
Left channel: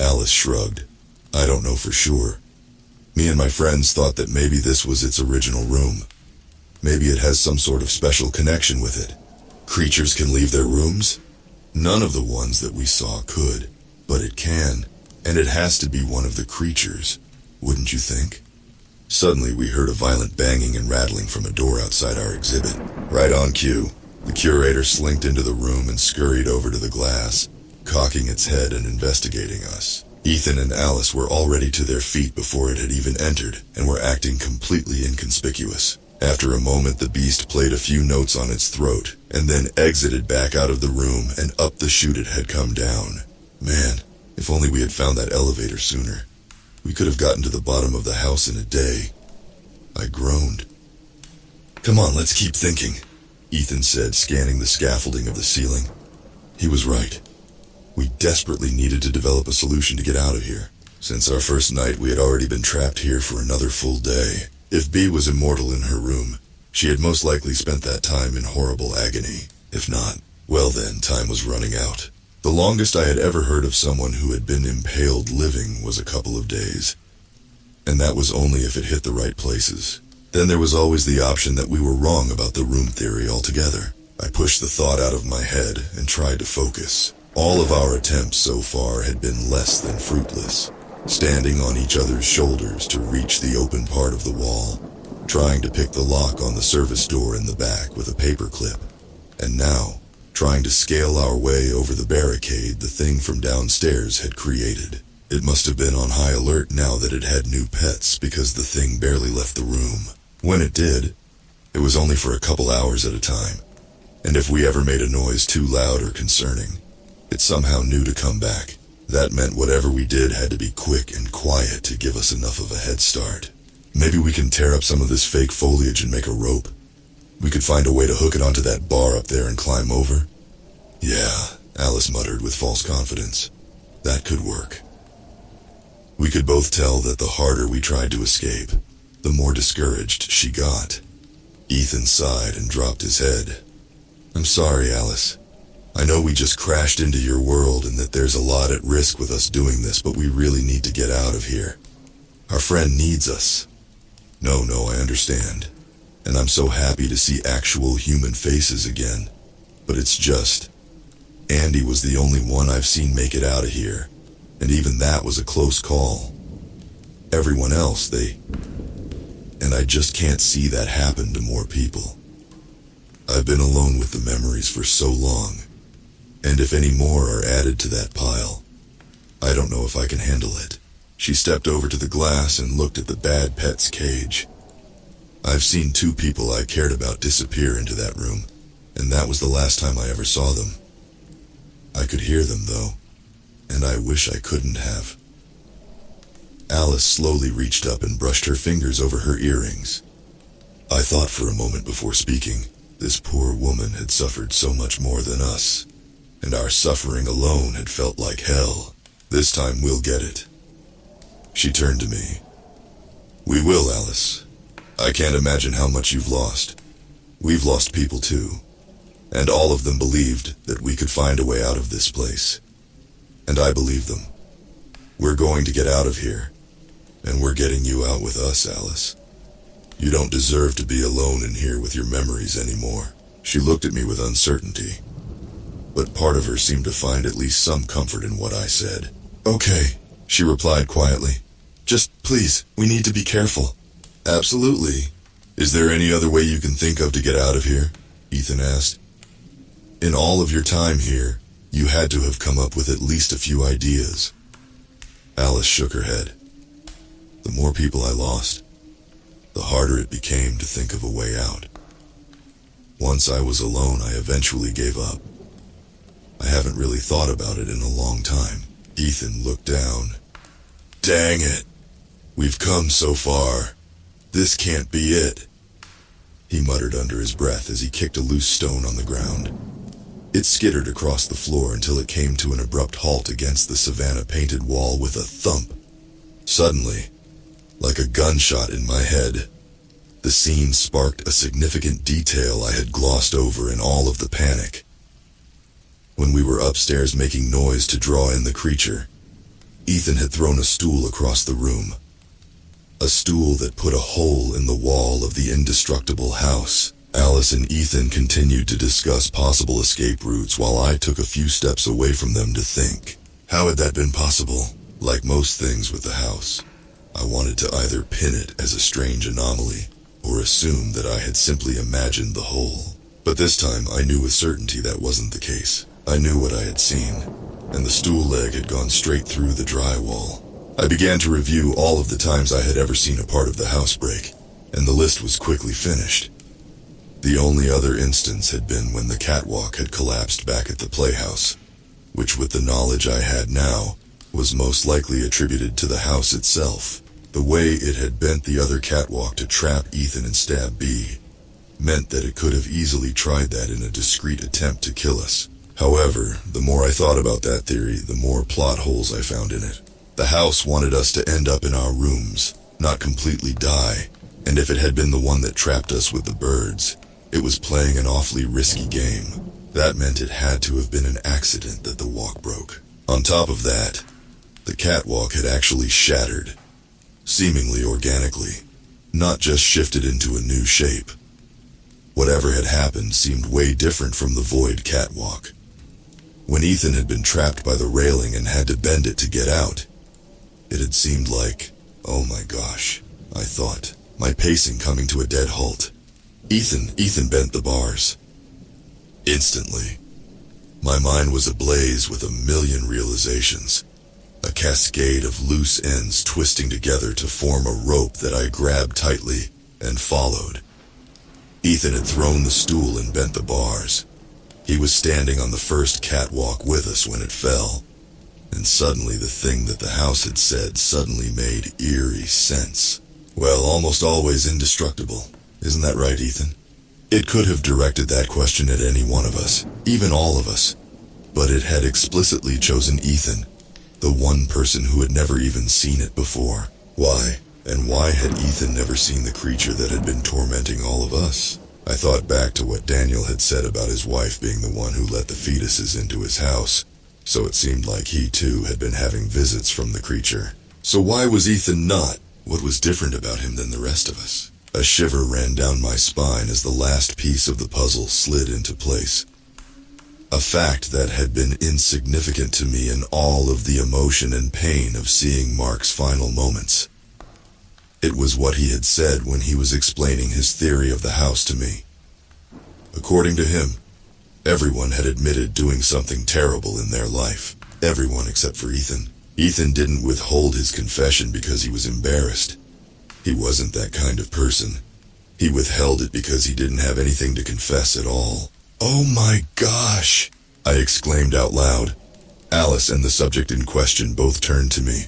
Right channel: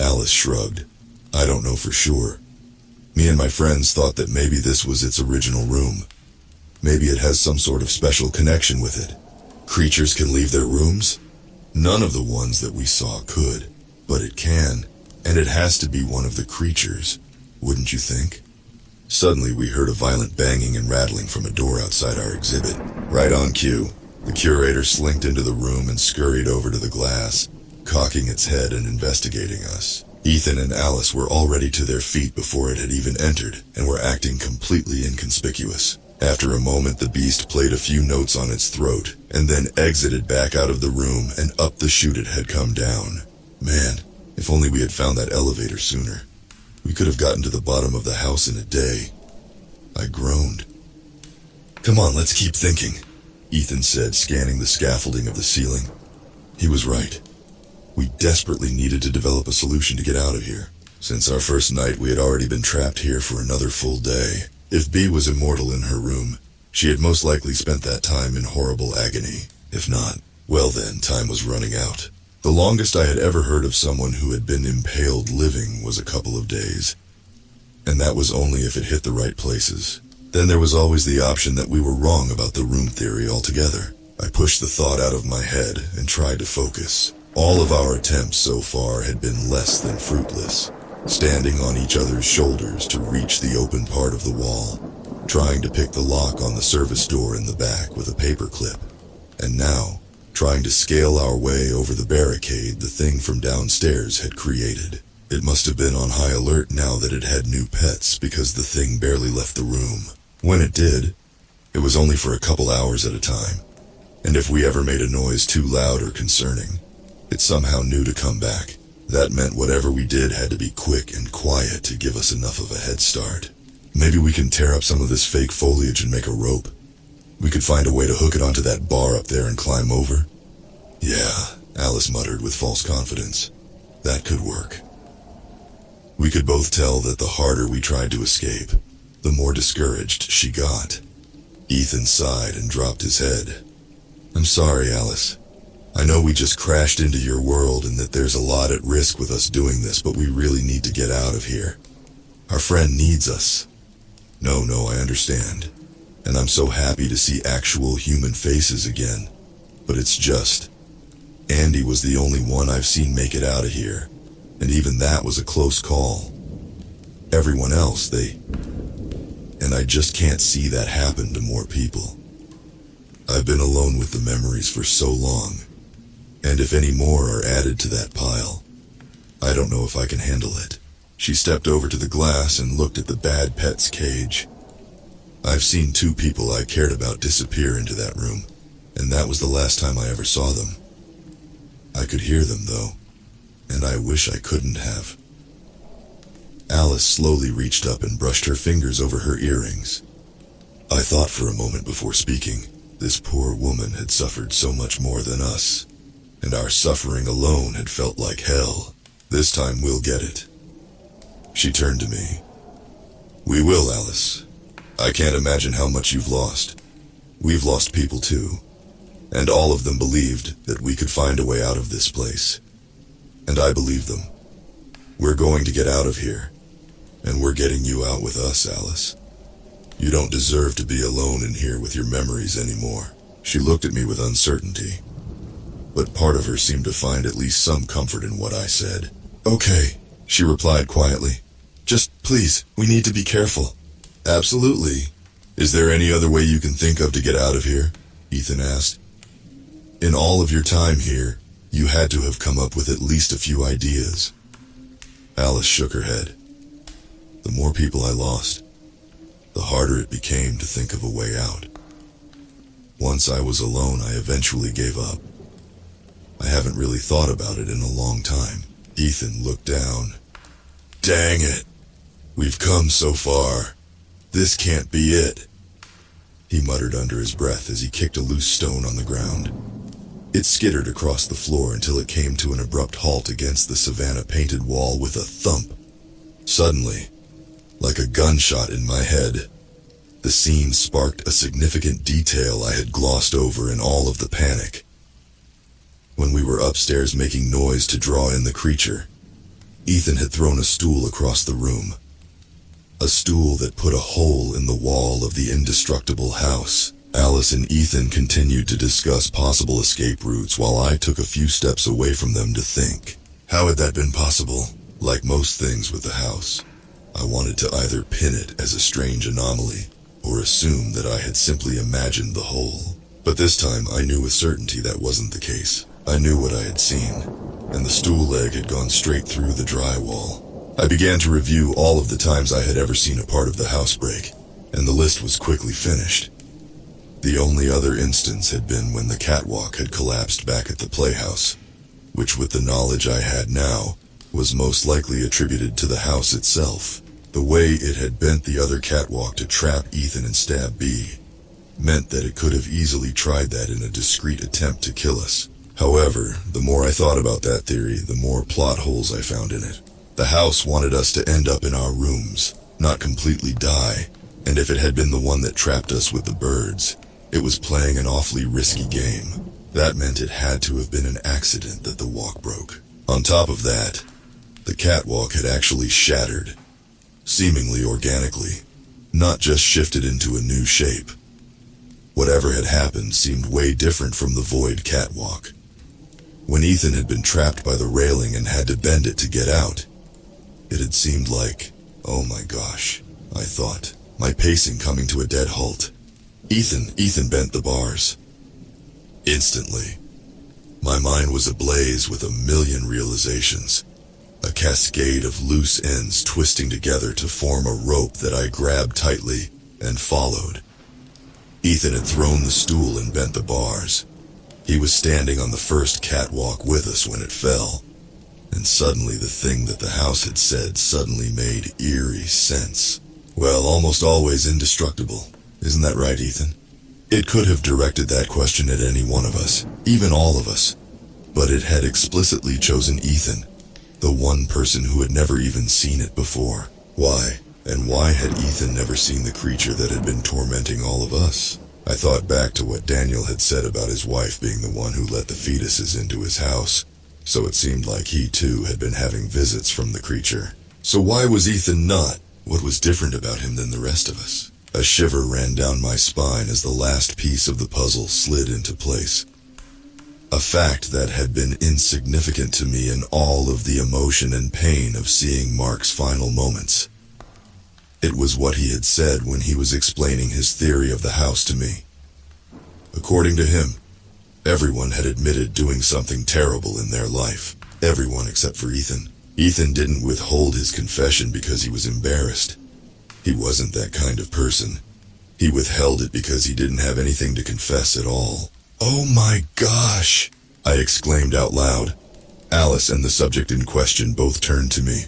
Alice shrugged. I don't know for sure. Me and my friends thought that maybe this was its original room. Maybe it has some sort of special connection with it. Creatures can leave their rooms? None of the ones that we saw could, but it can, and it has to be one of the creatures, wouldn't you think? Suddenly we heard a violent banging and rattling from a door outside our exhibit. Right on cue, the curator slinked into the room and scurried over to the glass, cocking its head and investigating us. Ethan and Alice were already to their feet before it had even entered, and were acting completely inconspicuous. After a moment, the beast played a few notes on its throat, and then exited back out of the room and up the chute it had come down. Man, if only we had found that elevator sooner. We could have gotten to the bottom of the house in a day. I groaned. Come on, let's keep thinking, Ethan said, scanning the scaffolding of the ceiling. He was right. We desperately needed to develop a solution to get out of here. Since our first night, we had already been trapped here for another full day. If Bea was immortal in her room, she had most likely spent that time in horrible agony. If not, well then, time was running out. The longest I had ever heard of someone who had been impaled living was a couple of days. And that was only if it hit the right places. Then there was always the option that we were wrong about the room theory altogether. I pushed the thought out of my head and tried to focus. All of our attempts so far had been less than fruitless. Standing on each other's shoulders to reach the open part of the wall, trying to pick the lock on the service door in the back with a paper clip. And now, trying to scale our way over the barricade the thing from downstairs had created. It must have been on high alert now that it had new pets, because the thing barely left the room. When it did, it was only for a couple hours at a time. And if we ever made a noise too loud or concerning, it somehow knew to come back. That meant whatever we did had to be quick and quiet to give us enough of a head start. Maybe we can tear up some of this fake foliage and make a rope. We could find a way to hook it onto that bar up there and climb over. Yeah, Alice muttered with false confidence. That could work. We could both tell that the harder we tried to escape, the more discouraged she got. Ethan sighed and dropped his head. I'm sorry, Alice. I know we just crashed into your world and that there's a lot at risk with us doing this, but we really need to get out of here. Our friend needs us. No, I understand. And I'm so happy to see actual human faces again. But it's just, Andy was the only one I've seen make it out of here, and even that was a close call. Everyone else, and I just can't see that happen to more people. I've been alone with the memories for so long, and if any more are added to that pile, I don't know if I can handle it. She stepped over to the glass and looked at the bad pet's cage. I've seen 2 people I cared about disappear into that room, and that was the last time I ever saw them. I could hear them, though, and I wish I couldn't have. Alice slowly reached up and brushed her fingers over her earrings. I thought for a moment before speaking, this poor woman had suffered so much more than us, and our suffering alone had felt like hell. This time we'll get it. She turned to me. We will, Alice. I can't imagine how much you've lost. We've lost people too, and all of them believed that we could find a way out of this place. And I believe them. We're going to get out of here, and we're getting you out with us, Alice. You don't deserve to be alone in here with your memories anymore. She looked at me with uncertainty, but part of her seemed to find at least some comfort in what I said. Okay, she replied quietly. Just please, we need to be careful. Absolutely. Is there any other way you can think of to get out of here? Ethan asked. In all of your time here, you had to have come up with at least a few ideas. Alice shook her head. The more people I lost, the harder it became to think of a way out. Once I was alone, I eventually gave up. I haven't really thought about it in a long time. Ethan looked down. Dang it. We've come so far. This can't be it. He muttered under his breath as he kicked a loose stone on the ground. It skittered across the floor until it came to an abrupt halt against the Savannah-painted wall with a thump. Suddenly, like a gunshot in my head, the scene sparked a significant detail I had glossed over in all of the panic. When we were upstairs making noise to draw in the creature, Ethan had thrown a stool across the room. A stool that put a hole in the wall of the indestructible house. Alice and Ethan continued to discuss possible escape routes while I took a few steps away from them to think. How had that been possible? Like most things with the house, I wanted to either pin it as a strange anomaly or assume that I had simply imagined the hole. But this time I knew with certainty that wasn't the case. I knew what I had seen, and the stool leg had gone straight through the drywall. I began to review all of the times I had ever seen a part of the house break, and the list was quickly finished. The only other instance had been when the catwalk had collapsed back at the playhouse, which with the knowledge I had now, was most likely attributed to the house itself. The way it had bent the other catwalk to trap Ethan and stab B meant that it could have easily tried that in a discreet attempt to kill us. However, the more I thought about that theory, the more plot holes I found in it. The house wanted us to end up in our rooms, not completely die, and if it had been the one that trapped us with the birds, it was playing an awfully risky game. That meant it had to have been an accident that the walk broke. On top of that, the catwalk had actually shattered, seemingly organically, not just shifted into a new shape. Whatever had happened seemed way different from the void catwalk. When Ethan had been trapped by the railing and had to bend it to get out, it had seemed like, oh my gosh, I thought, my pacing coming to a dead halt. Ethan bent the bars. Instantly, my mind was ablaze with a million realizations, a cascade of loose ends twisting together to form a rope that I grabbed tightly and followed. Ethan had thrown the stool and bent the bars. He was standing on the first catwalk with us when it fell, and suddenly the thing that the house had said suddenly made eerie sense. Well, almost always indestructible. Isn't that right, Ethan? It could have directed that question at any one of us, even all of us, but it had explicitly chosen Ethan, the one person who had never even seen it before. Why? And why had Ethan never seen the creature that had been tormenting all of us? I thought back to what Daniel had said about his wife being the one who let the fetuses into his house, so it seemed like he too had been having visits from the creature. So why was Ethan not? What was different about him than the rest of us? A shiver ran down my spine as the last piece of the puzzle slid into place. A fact that had been insignificant to me in all of the emotion and pain of seeing Mark's final moments. It was what he had said when he was explaining his theory of the house to me. According to him, everyone had admitted doing something terrible in their life. Everyone except for Ethan. Ethan didn't withhold his confession because he was embarrassed. He wasn't that kind of person. He withheld it because he didn't have anything to confess at all. "Oh my gosh!" I exclaimed out loud. Alice and the subject in question both turned to me.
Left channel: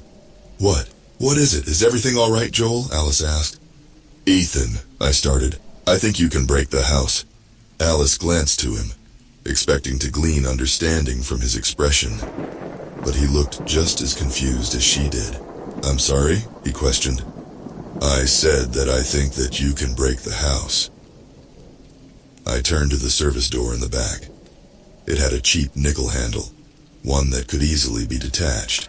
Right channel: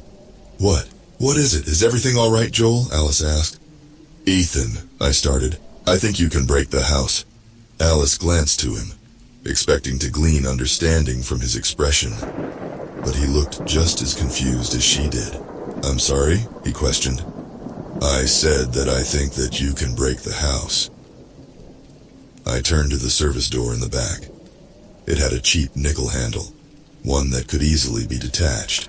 "What? What is it? Is everything all right, Joel?" Alice asked. "Ethan," I started, "I think you can break the house." Alice glanced to him, expecting to glean understanding from his expression, but he looked just as confused as she did. "I'm sorry?" he questioned. "I said that I think that you can break the house." I turned to the service door in the back. It had a cheap nickel handle, one that could easily be detached.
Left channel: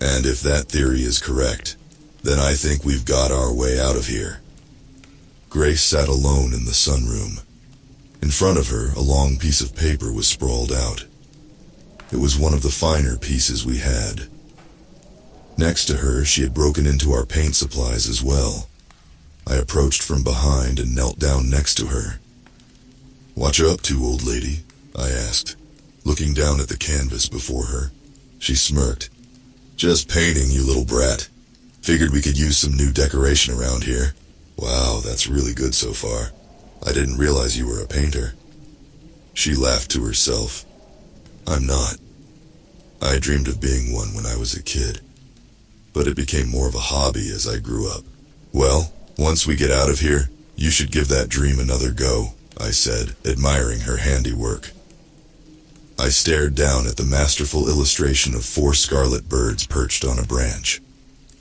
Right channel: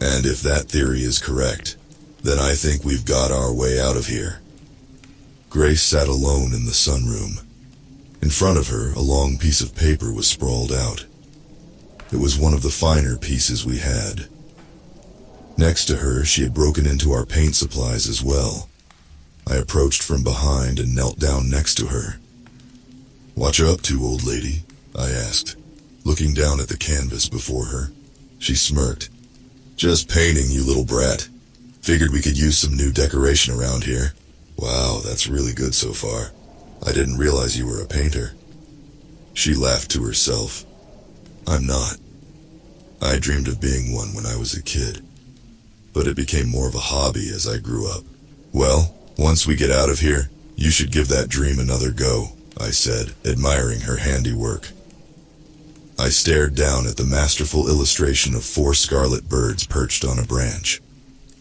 And if that theory is correct, then I think we've got our way out of here. Grace sat alone in the sunroom. In front of her, a long piece of paper was sprawled out. It was one of the finer pieces we had. Next to her, she had broken into our paint supplies as well. I approached from behind and knelt down next to her. "What you up to, old lady?" I asked, looking down at the canvas before her. She smirked. "Just painting, you little brat. Figured we could use some new decoration around here." "Wow, that's really good so far. I didn't realize you were a painter." She laughed to herself. "I'm not. I dreamed of being one when I was a kid, but it became more of a hobby as I grew up." "Well, once we get out of here, you should give that dream another go," I said, admiring her handiwork. I stared down at the masterful illustration of 4 scarlet birds perched on a branch.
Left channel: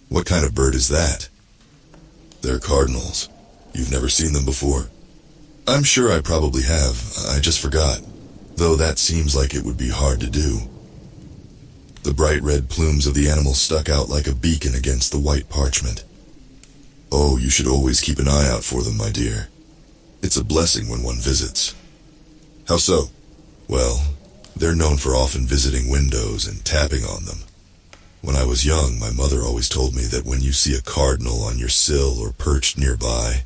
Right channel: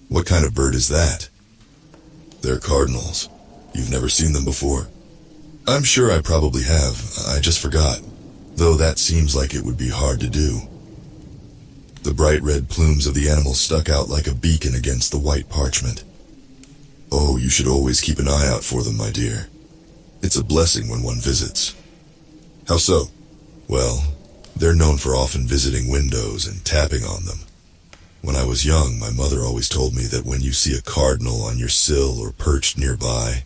"What kind of bird is that?" "They're cardinals. You've never seen them before?" "I'm sure I probably have. I just forgot. Though that seems like it would be hard to do." The bright red plumes of the animal stuck out like a beacon against the white parchment. "Oh, you should always keep an eye out for them, my dear. It's a blessing when one visits." "How so?" "Well, they're known for often visiting windows and tapping on them. When I was young, my mother always told me that when you see a cardinal on your sill or perched nearby,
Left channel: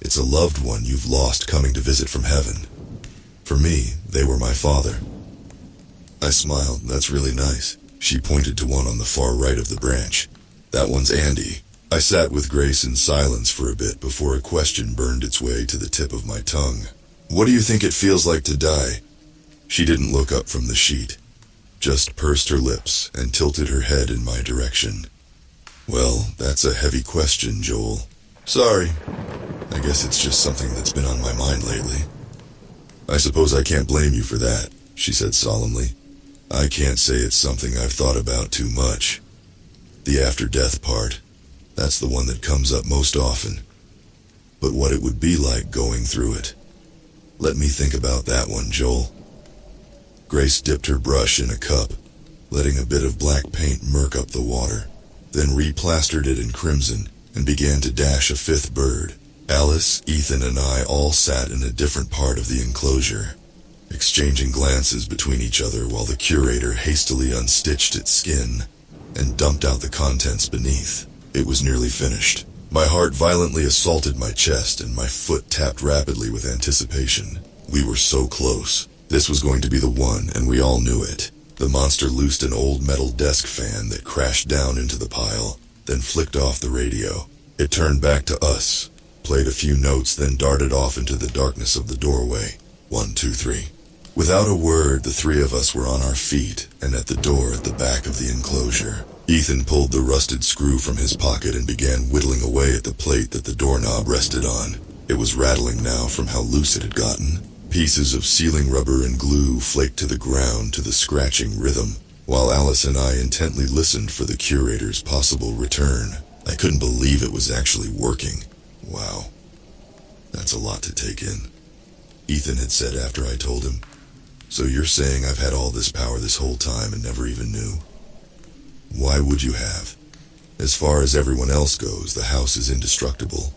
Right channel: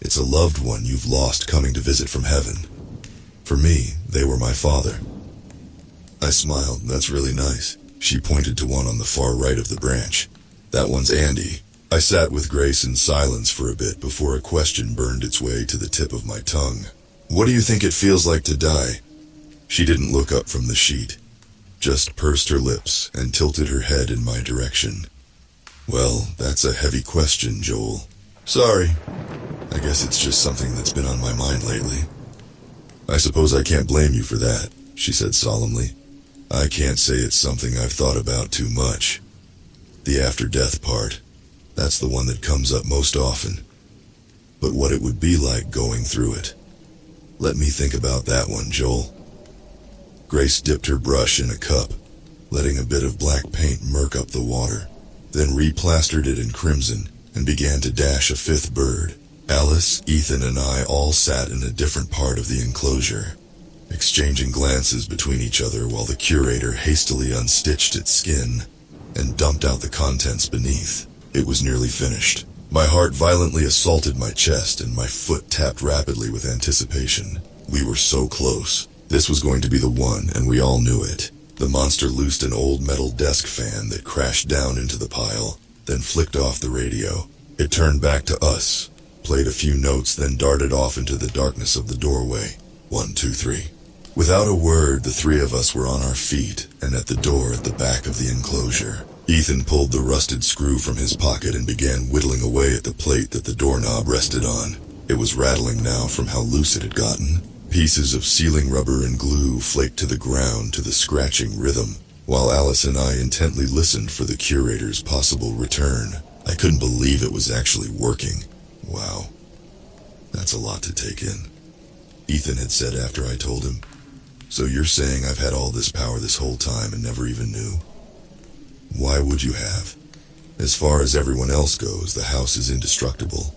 it's a loved one you've lost coming to visit from heaven. For me, they were my father." I smiled. "That's really nice." She pointed to one on the far right of the branch. "That one's Andy." I sat with Grace in silence for a bit before a question burned its way to the tip of my tongue. "What do you think it feels like to die?" She didn't look up from the sheet, just pursed her lips and tilted her head in my direction. "Well, that's a heavy question, Joel. Sorry. I guess it's just something that's been on my mind lately." "I suppose I can't blame you for that," she said solemnly. "I can't say it's something I've thought about too much. The after-death part, that's the one that comes up most often. But what it would be like going through it. Let me think about that one, Joel." Grace dipped her brush in a cup, letting a bit of black paint murk up the water, then replastered it in crimson and began to dash a 5th bird. Alice, Ethan, and I all sat in a different part of the enclosure, exchanging glances between each other while the curator hastily unstitched its skin and dumped out the contents beneath. It was nearly finished. My heart violently assaulted my chest and my foot tapped rapidly with anticipation. We were so close. This was going to be the one, and we all knew it. The monster loosed an old metal desk fan that crashed down into the pile, then flicked off the radio. It turned back to us, played a few notes, then darted off into the darkness of the doorway. 1, 2, 3. Without a word, the 3 of us were on our feet and at the door at the back of the enclosure. Ethan pulled the rusted screw from his pocket and began whittling away at the plate that the doorknob rested on. It was rattling now from how loose it had gotten. Pieces of sealing rubber and glue flaked to the ground to the scratching rhythm, while Alice and I intently listened for the curator's possible return. I couldn't believe it was actually working. Wow. That's a lot to take in. Ethan had said after I told him. "So you're saying I've had all this power this whole time and never even knew?" "Why would you have? As far as everyone else goes, the house is indestructible.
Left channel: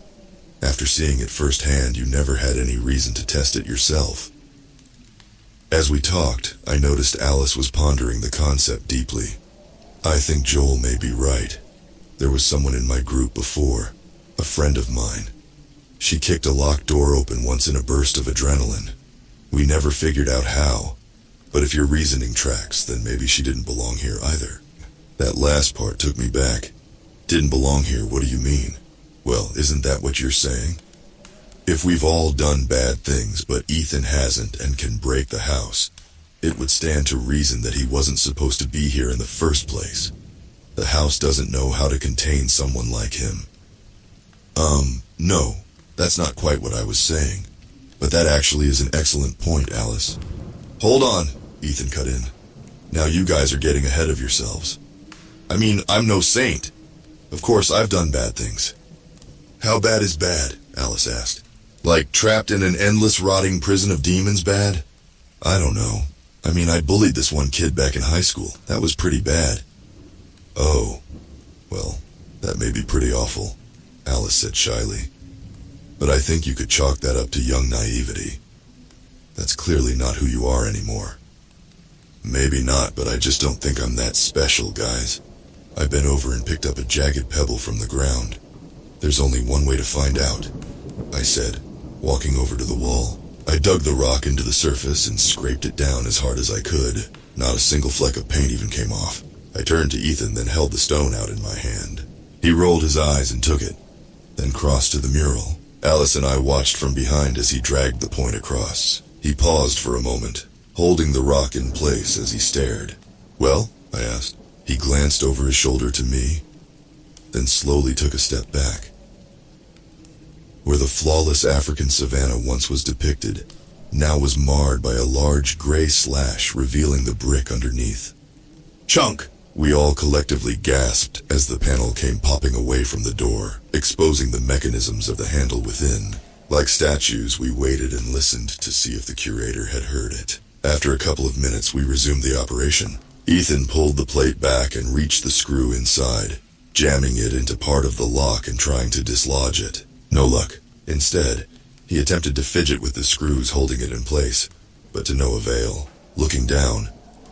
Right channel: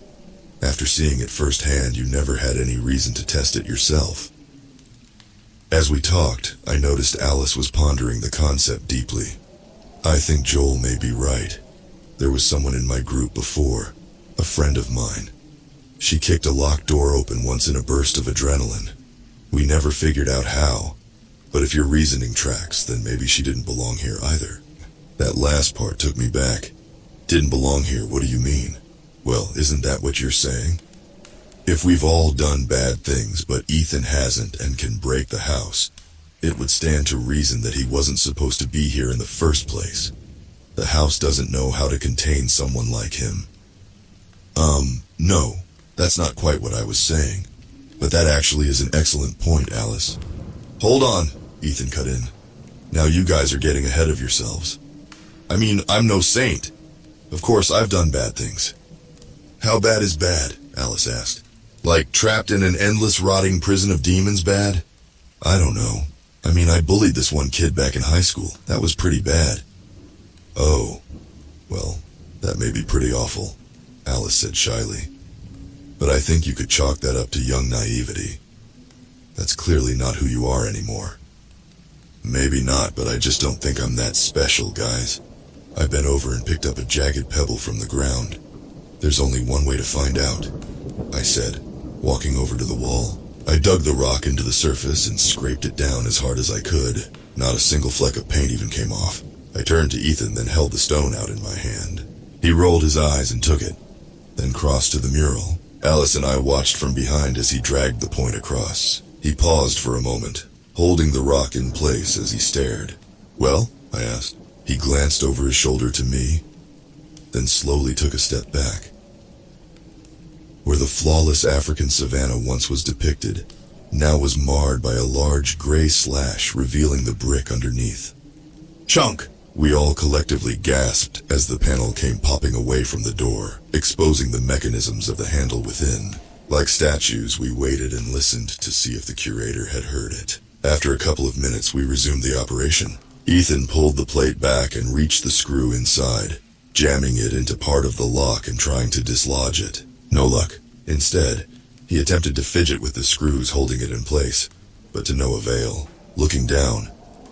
After seeing it firsthand, you never had any reason to test it yourself." As we talked, I noticed Alice was pondering the concept deeply. I think Joel may be right. There was someone in my group before, a friend of mine. She kicked a locked door open once in a burst of adrenaline. We never figured out how, but if your reasoning tracks, then maybe she didn't belong here either. That last part took me back. Didn't belong here, what do you mean? Well, isn't that what you're saying? If we've all done bad things, but Ethan hasn't and can break the house, it would stand to reason that he wasn't supposed to be here in the first place. The house doesn't know how to contain someone like him. No, that's not quite what I was saying. But that actually is an excellent point, Alice. Hold on, Ethan cut in. Now you guys are getting ahead of yourselves. I mean, I'm no saint. Of course, I've done bad things. How bad is bad? Alice asked. Like trapped in an endless rotting prison of demons bad? I don't know. I mean, I bullied this one kid back in high school. That was pretty bad. Oh, well, that may be pretty awful, Alice said shyly. But I think you could chalk that up to young naivety. That's clearly not who you are anymore. Maybe not, but I just don't think I'm that special, guys. I bent over and picked up a jagged pebble from the ground. There's only one way to find out, I said, walking over to the wall. I dug the rock into the surface and scraped it down as hard as I could. Not a single fleck of paint even came off. I turned to Ethan, then held the stone out in my hand. He rolled his eyes and took it, then crossed to the mural. Alice and I watched from behind as he dragged the point across. He paused for a moment, holding the rock in place as he stared. Well, I asked. He glanced over his shoulder to me, then slowly took a step back. Where the flawless African savanna once was depicted, now was marred by a large gray slash revealing the brick underneath. Chunk! We all collectively gasped as the panel came popping away from the door, exposing the mechanisms of the handle within. Like statues, we waited and listened to see if the curator had heard it. After a couple of minutes, we resumed the operation. Ethan pulled the plate back and reached the screw inside, jamming it into part of the lock and trying to dislodge it. No luck. Instead, he attempted to fidget with the screws holding it in place, but to no avail. Looking down,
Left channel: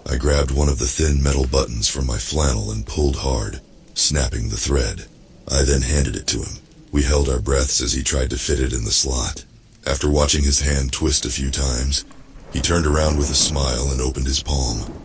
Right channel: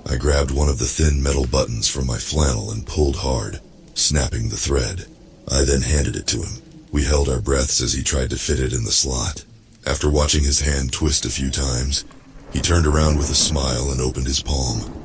I grabbed one of the thin metal buttons from my flannel and pulled hard, snapping the thread. I then handed it to him. We held our breaths as he tried to fit it in the slot. After watching his hand twist a few times, he turned around with a smile and opened his palm.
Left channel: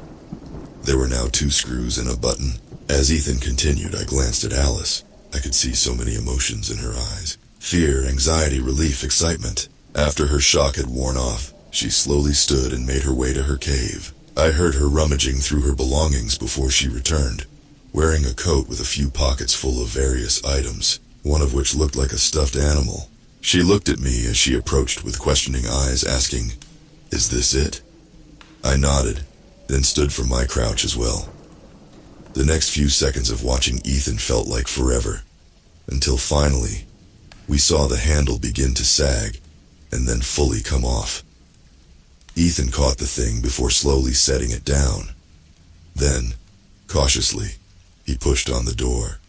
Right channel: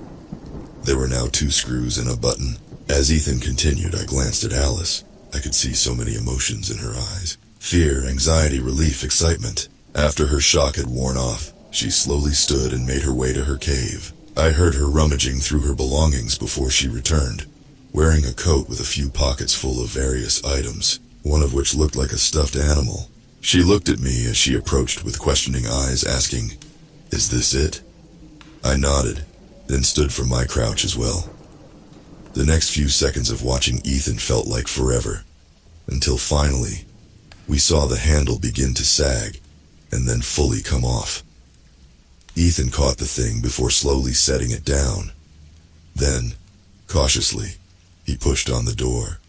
There were now 2 screws and a button. As Ethan continued, I glanced at Alice. I could see so many emotions in her eyes. Fear, anxiety, relief, excitement. After her shock had worn off, she slowly stood and made her way to her cave. I heard her rummaging through her belongings before she returned, wearing a coat with a few pockets full of various items, one of which looked like a stuffed animal. She looked at me as she approached with questioning eyes, asking, "Is this it?" I nodded, then stood from my crouch as well. The next few seconds of watching Ethan felt like forever, until finally, we saw the handle begin to sag, and then fully come off. Ethan caught the thing before slowly setting it down. Then, cautiously, he pushed on the door.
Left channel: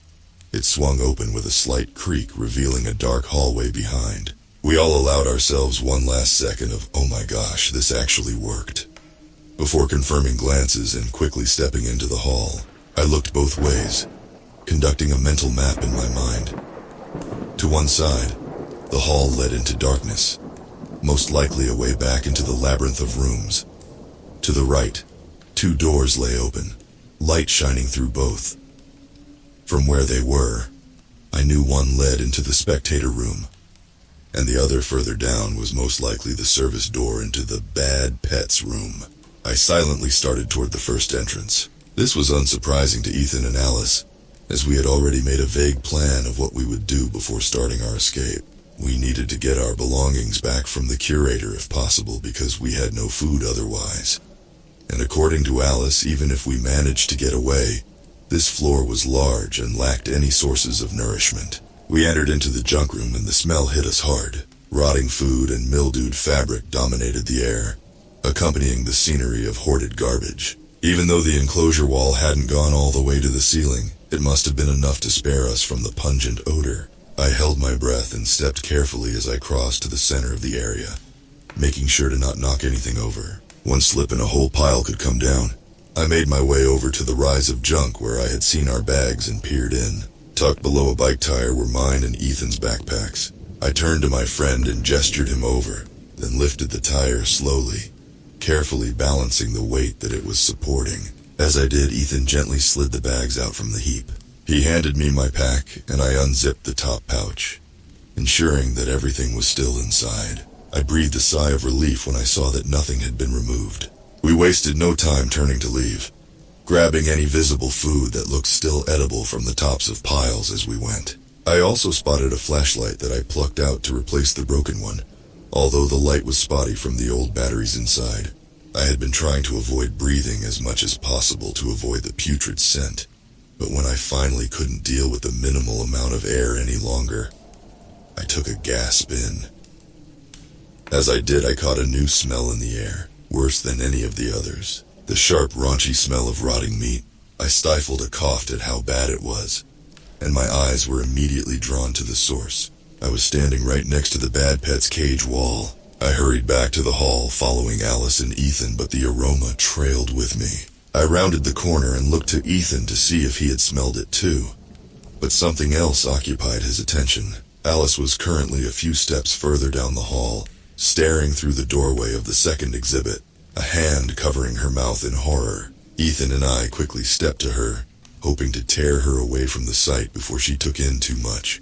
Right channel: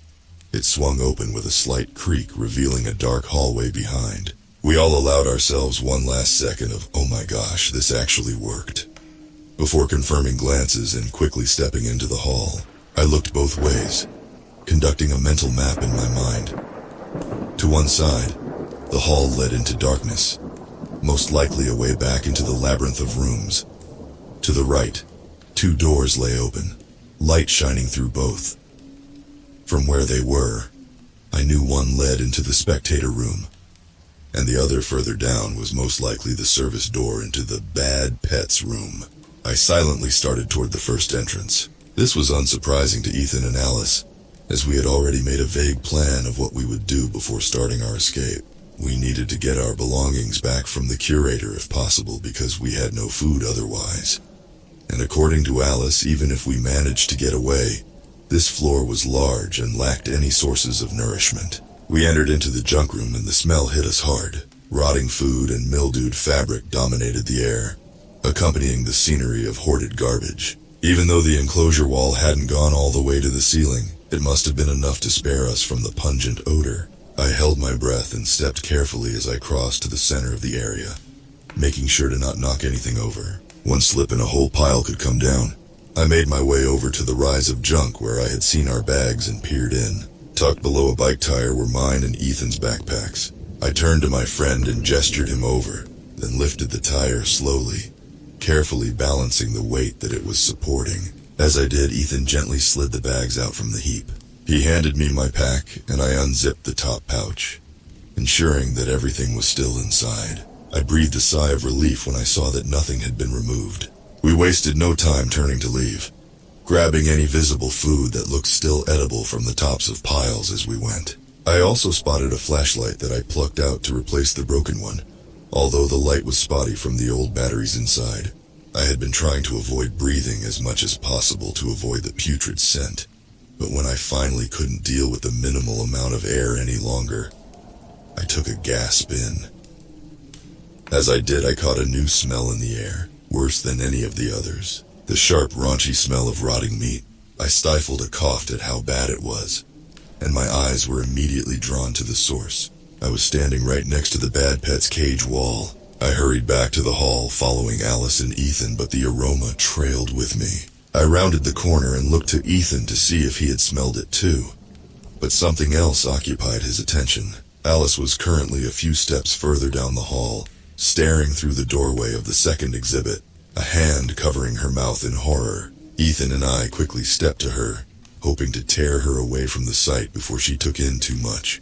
It swung open with a slight creak, revealing a dark hallway behind. We all allowed ourselves one last second of, "Oh my gosh, this actually worked," before confirming glances and quickly stepping into the hall. I looked both ways, conducting a mental map in my mind. To one side, the hall led into darkness, most likely a way back into the labyrinth of rooms. To the right, 2 doors lay open, light shining through both. From where they were, I knew one led into the spectator room, and the other further down was most likely the service door into the bad pets room. I silently started toward the first entrance. This was unsurprising to Ethan and Alice, as we had already made a vague plan of what we would do before starting our escape. We needed to get our belongings back from the curator if possible, because we had no food otherwise. And according to Alice, even if we managed to get away, this floor was large and lacked any sources of nourishment. We entered into the junk room and the smell hit us hard. Rotting food and mildewed fabric dominated the air, accompanying the scenery of hoarded garbage. Even though the enclosure wall hadn't gone all the way to the ceiling, it must have been enough to spare us from the pungent odor. I held my breath and stepped carefully as I crossed to the center of the area, making sure to not knock anything over. One slip and a whole pile could come down. I made my way over to the rise of junk where I had seen our bags and peered in. Tucked below a bike tire were mine and Ethan's backpacks. I turned to my friend and gestured him over, then lifted the tire slowly, carefully balancing the weight that it was supporting. As I did, Ethan gently slid the bags out from the heap. He handed me my pack, and I unzipped the top pouch, ensuring that everything was still inside. I breathed a sigh of relief when I saw that nothing had been removed. We wasted no time turning to leave, grabbing any visible food that looked still edible from the tops of piles as we went. I also spotted a flashlight that I plucked out to replace the broken one, although the light was spotty from the old batteries inside. I had been trying to avoid breathing as much as possible to avoid the putrid scent, but when I finally couldn't deal with the minimal amount of air any longer, I took a gasp in. As I did, I caught a new smell in the air, worse than any of the others. The sharp, raunchy smell of rotting meat. I stifled a cough at how bad it was, and my eyes were immediately drawn to the source. I was standing right next to the bad pet's cage wall. I hurried back to the hall, following Alice and Ethan, but the aroma trailed with me. I rounded the corner and looked to Ethan to see if he had smelled it too, but something else occupied his attention. Alice was currently a few steps further down the hall, staring through the doorway of the second exhibit, a hand covering her mouth in horror. Ethan and I quickly stepped to her, hoping to tear her away from the sight before she took in too much.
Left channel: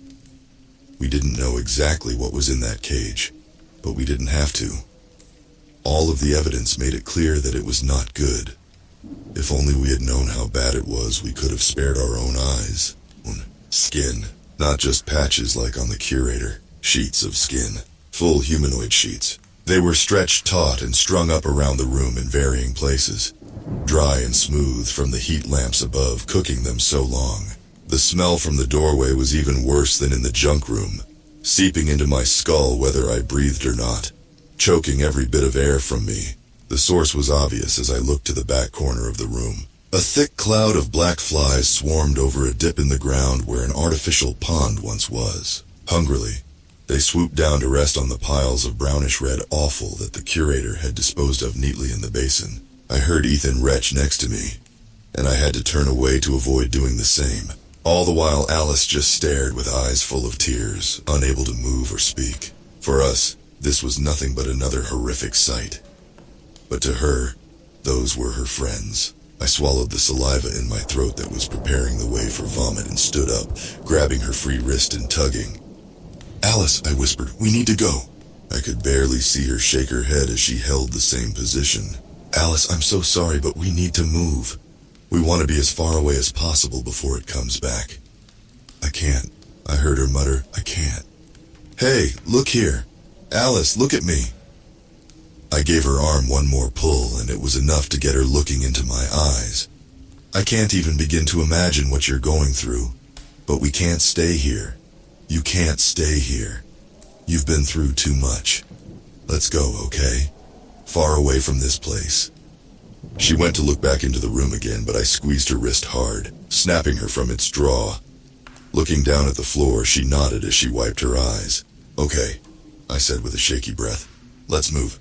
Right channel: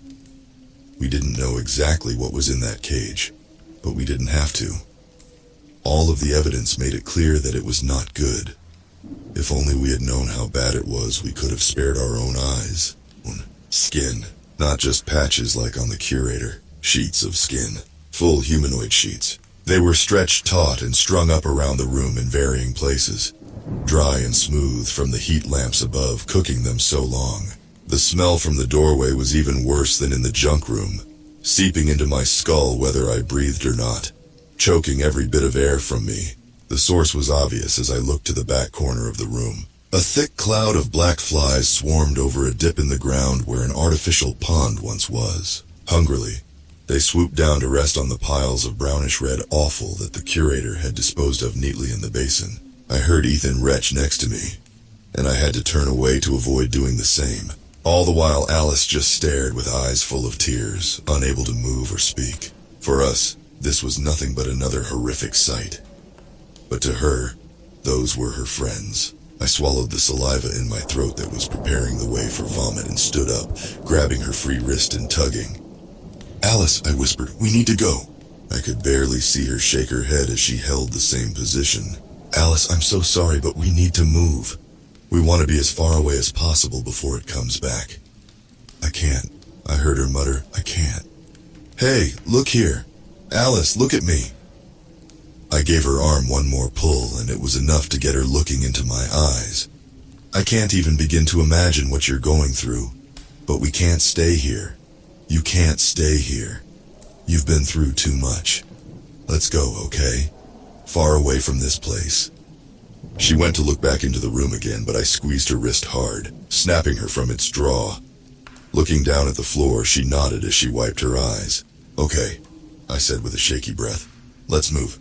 We didn't know exactly what was in that cage, but we didn't have to. All of the evidence made it clear that it was not good. If only we had known how bad it was, we could have spared our own eyes. Skin, not just patches like on the curator. Sheets of skin, full humanoid sheets. They were stretched taut and strung up around the room in varying places, dry and smooth from the heat lamps above cooking them so long. The smell from the doorway was even worse than in the junk room, seeping into my skull whether I breathed or not, choking every bit of air from me. The source was obvious as I looked to the back corner of the room. A thick cloud of black flies swarmed over a dip in the ground where an artificial pond once was. Hungrily, they swooped down to rest on the piles of brownish-red offal that the curator had disposed of neatly in the basin. I heard Ethan retch next to me, and I had to turn away to avoid doing the same. All the while, Alice just stared with eyes full of tears, unable to move or speak. For us, this was nothing but another horrific sight. But to her, those were her friends. I swallowed the saliva in my throat that was preparing the way for vomit and stood up, grabbing her free wrist and tugging. "Alice," I whispered, "we need to go." I could barely see her shake her head as she held the same position. "Alice, I'm so sorry, but we need to move. We want to be as far away as possible before it comes back." "I can't," I heard her mutter. "I can't." "Hey, look here. Alice, look at me." I gave her arm one more pull, and it was enough to get her looking into my eyes. "I can't even begin to imagine what you're going through, but we can't stay here. You can't stay here. You've been through too much. Let's go, okay? Far away from this place." She went to look back into the room again, but I squeezed her wrist hard, snapping her from its draw. Looking down at the floor, she nodded as she wiped her eyes. "Okay," I said with a shaky breath. "Let's move."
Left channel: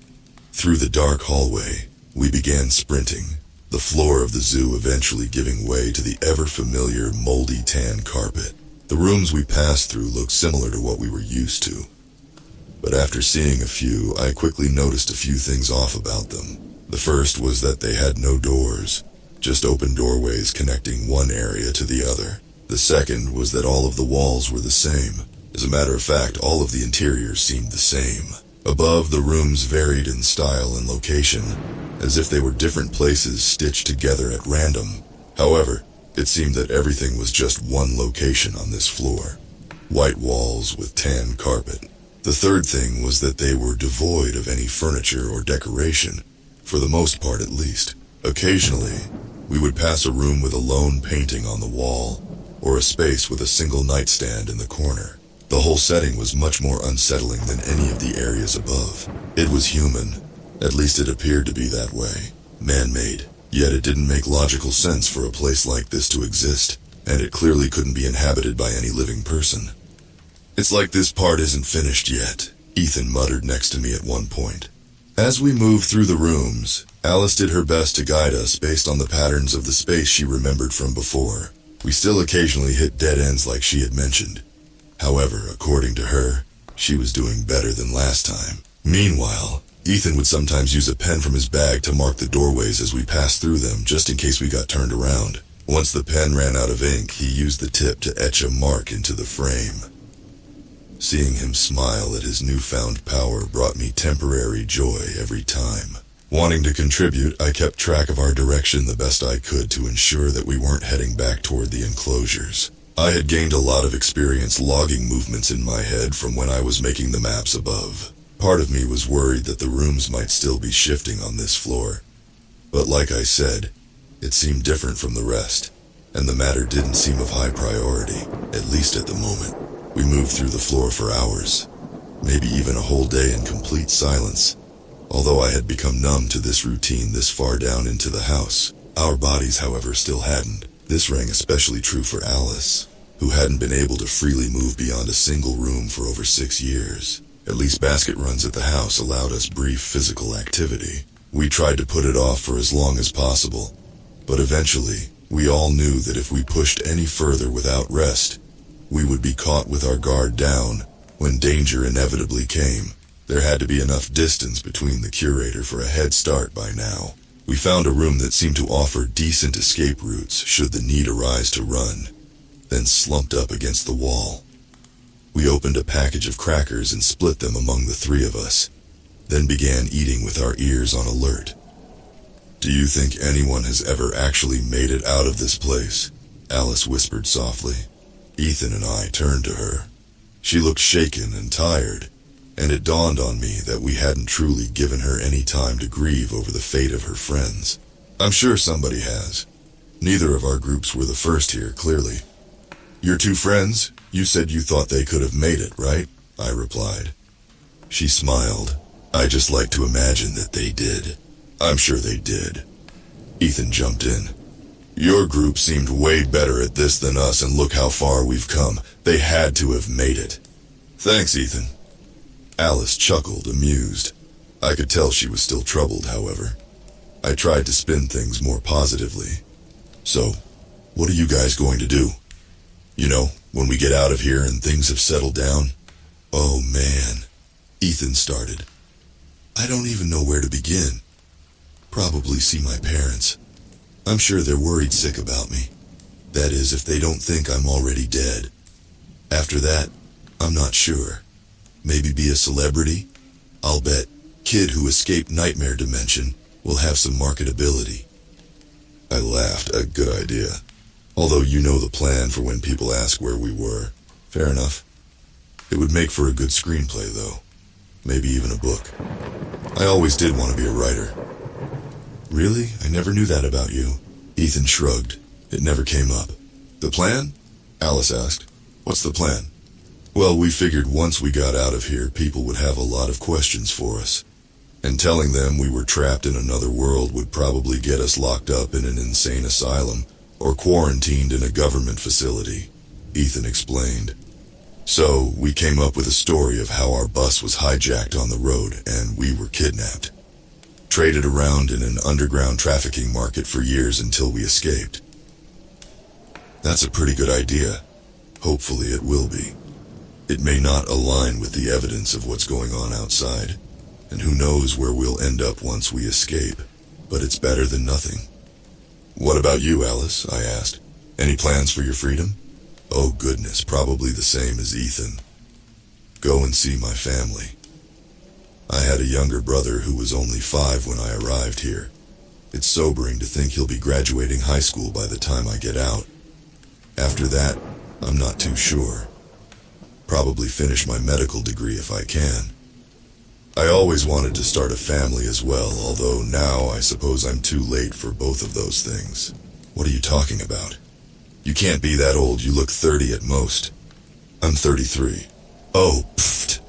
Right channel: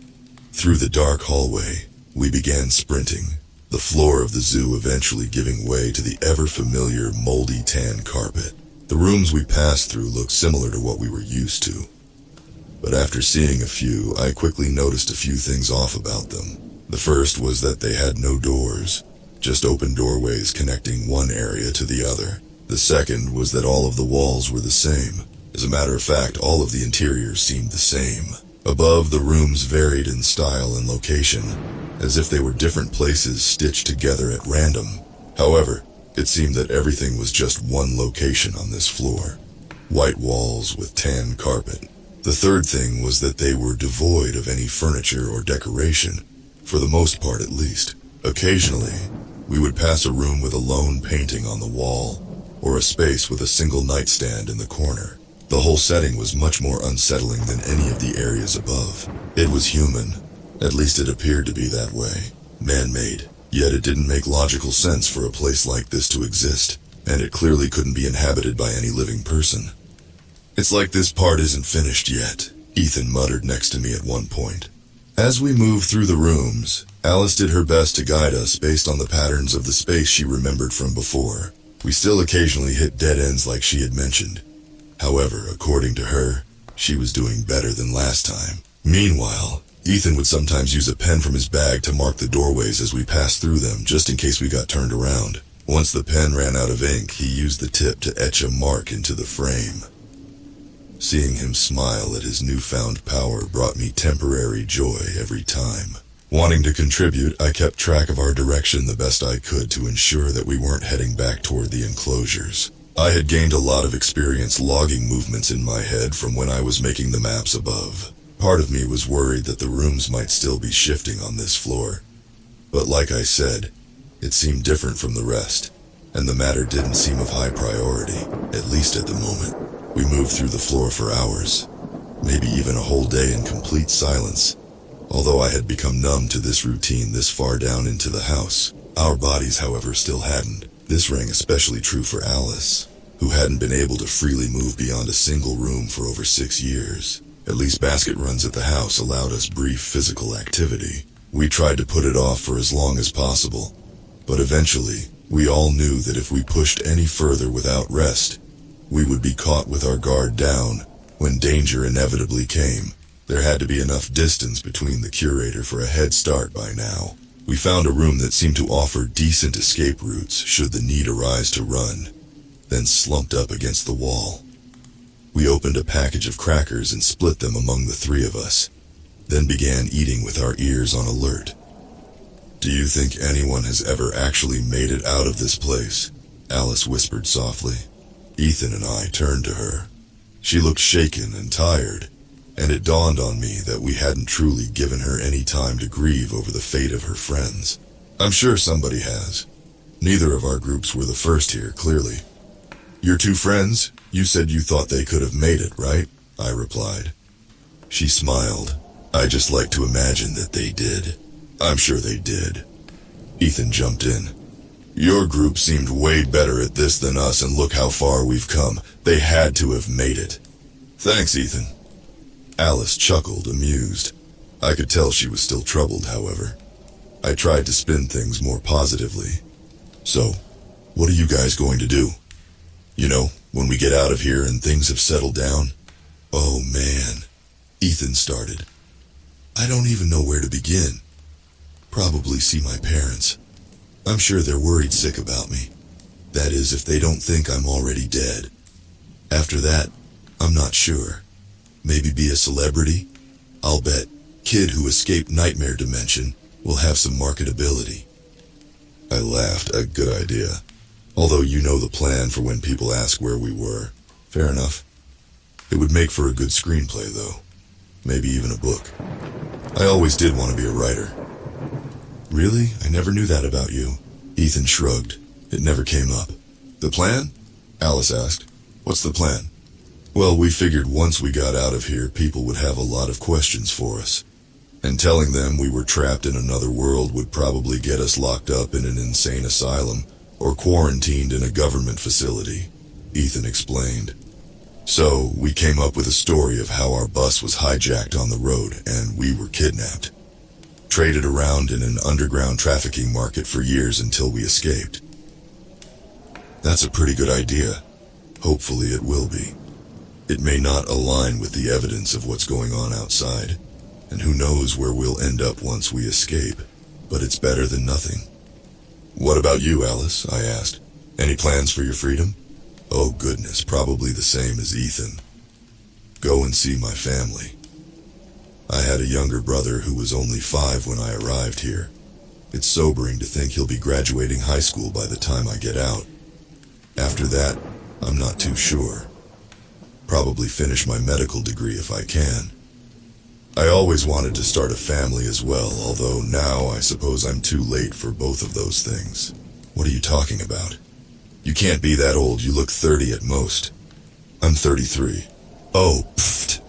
Through the dark hallway, we began sprinting, the floor of the zoo eventually giving way to the ever-familiar moldy tan carpet. The rooms we passed through looked similar to what we were used to, but after seeing a few, I quickly noticed a few things off about them. The first was that they had no doors, just open doorways connecting one area to the other. The second was that all of the walls were the same. As a matter of fact, all of the interiors seemed the same. Above, the rooms varied in style and location, as if they were different places stitched together at random. However, it seemed that everything was just one location on this floor. White walls with tan carpet. The third thing was that they were devoid of any furniture or decoration, for the most part at least. Occasionally, we would pass a room with a lone painting on the wall, or a space with a single nightstand in the corner. The whole setting was much more unsettling than any of the areas above. It was human, at least it appeared to be that way. Man-made, yet it didn't make logical sense for a place like this to exist, and it clearly couldn't be inhabited by any living person. "It's like this part isn't finished yet," Ethan muttered next to me at one point. As we moved through the rooms, Alice did her best to guide us based on the patterns of the space she remembered from before. We still occasionally hit dead ends like she had mentioned. However, according to her, she was doing better than last time. Meanwhile, Ethan would sometimes use a pen from his bag to mark the doorways as we passed through them, just in case we got turned around. Once the pen ran out of ink, he used the tip to etch a mark into the frame. Seeing him smile at his newfound power brought me temporary joy every time. Wanting to contribute, I kept track of our direction the best I could to ensure that we weren't heading back toward the enclosures. I had gained a lot of experience logging movements in my head from when I was making the maps above. Part of me was worried that the rooms might still be shifting on this floor. But like I said, it seemed different from the rest, and the matter didn't seem of high priority, at least at the moment. We moved through the floor for hours, maybe even a whole day in complete silence. Although I had become numb to this routine this far down into the house, our bodies, however, still hadn't. This rang especially true for Alice, who hadn't been able to freely move beyond a single room for over 6 years. At least basket runs at the house allowed us brief physical activity. We tried to put it off for as long as possible, but eventually, we all knew that if we pushed any further without rest, we would be caught with our guard down when danger inevitably came. There had to be enough distance between the curator for a head start by now. We found a room that seemed to offer decent escape routes should the need arise to run, then slumped up against the wall. We opened a package of crackers and split them among the three of us, then began eating with our ears on alert. "Do you think anyone has ever actually made it out of this place?" Alice whispered softly. Ethan and I turned to her. She looked shaken and tired, and it dawned on me that we hadn't truly given her any time to grieve over the fate of her friends. "I'm sure somebody has. Neither of our groups were the first here, clearly." "Your two friends? You said you thought they could have made it, right?" I replied. She smiled. "I just like to imagine that they did." "I'm sure they did." Ethan jumped in. "Your group seemed way better at this than us, and look how far we've come. They had to have made it." "Thanks, Ethan." Alice chuckled, amused. I could tell she was still troubled, however. I tried to spin things more positively. "So, what are you guys going to do? You know, when we get out of here and things have settled down?" "Oh man," Ethan started. "I don't even know where to begin. Probably see my parents. I'm sure they're worried sick about me. That is, if they don't think I'm already dead. After that, I'm not sure. Maybe be a celebrity? I'll bet kid who escaped nightmare dimension will have some marketability." I laughed. "A good idea. Although you know the plan for when people ask where we were." "Fair enough. It would make for a good screenplay, though. Maybe even a book. I always did want to be a writer." "Really? I never knew that about you." Ethan shrugged. "It never came up." "The plan?" Alice asked. "What's the plan?" "Well, we figured once we got out of here, people would have a lot of questions for us. And telling them we were trapped in another world would probably get us locked up in an insane asylum or quarantined in a government facility," Ethan explained. "So, we came up with a story of how our bus was hijacked on the road and we were kidnapped. Traded around in an underground trafficking market for years until we escaped." "That's a pretty good idea. Hopefully it will be. It may not align with the evidence of what's going on outside, and who knows where we'll end up once we escape, but it's better than nothing." "What about you, Alice?" I asked. "Any plans for your freedom?" "Oh goodness, probably the same as Ethan. Go and see my family. I had a younger brother who was only 5 when I arrived here. It's sobering to think he'll be graduating high school by the time I get out. After that, I'm not too sure. Probably finish my medical degree if I can. I always wanted to start a family as well, although now I suppose I'm too late for both of those things." "What are you talking about? You can't be that old. You look 30 at most." "I'm 33. "Oh, pfft,"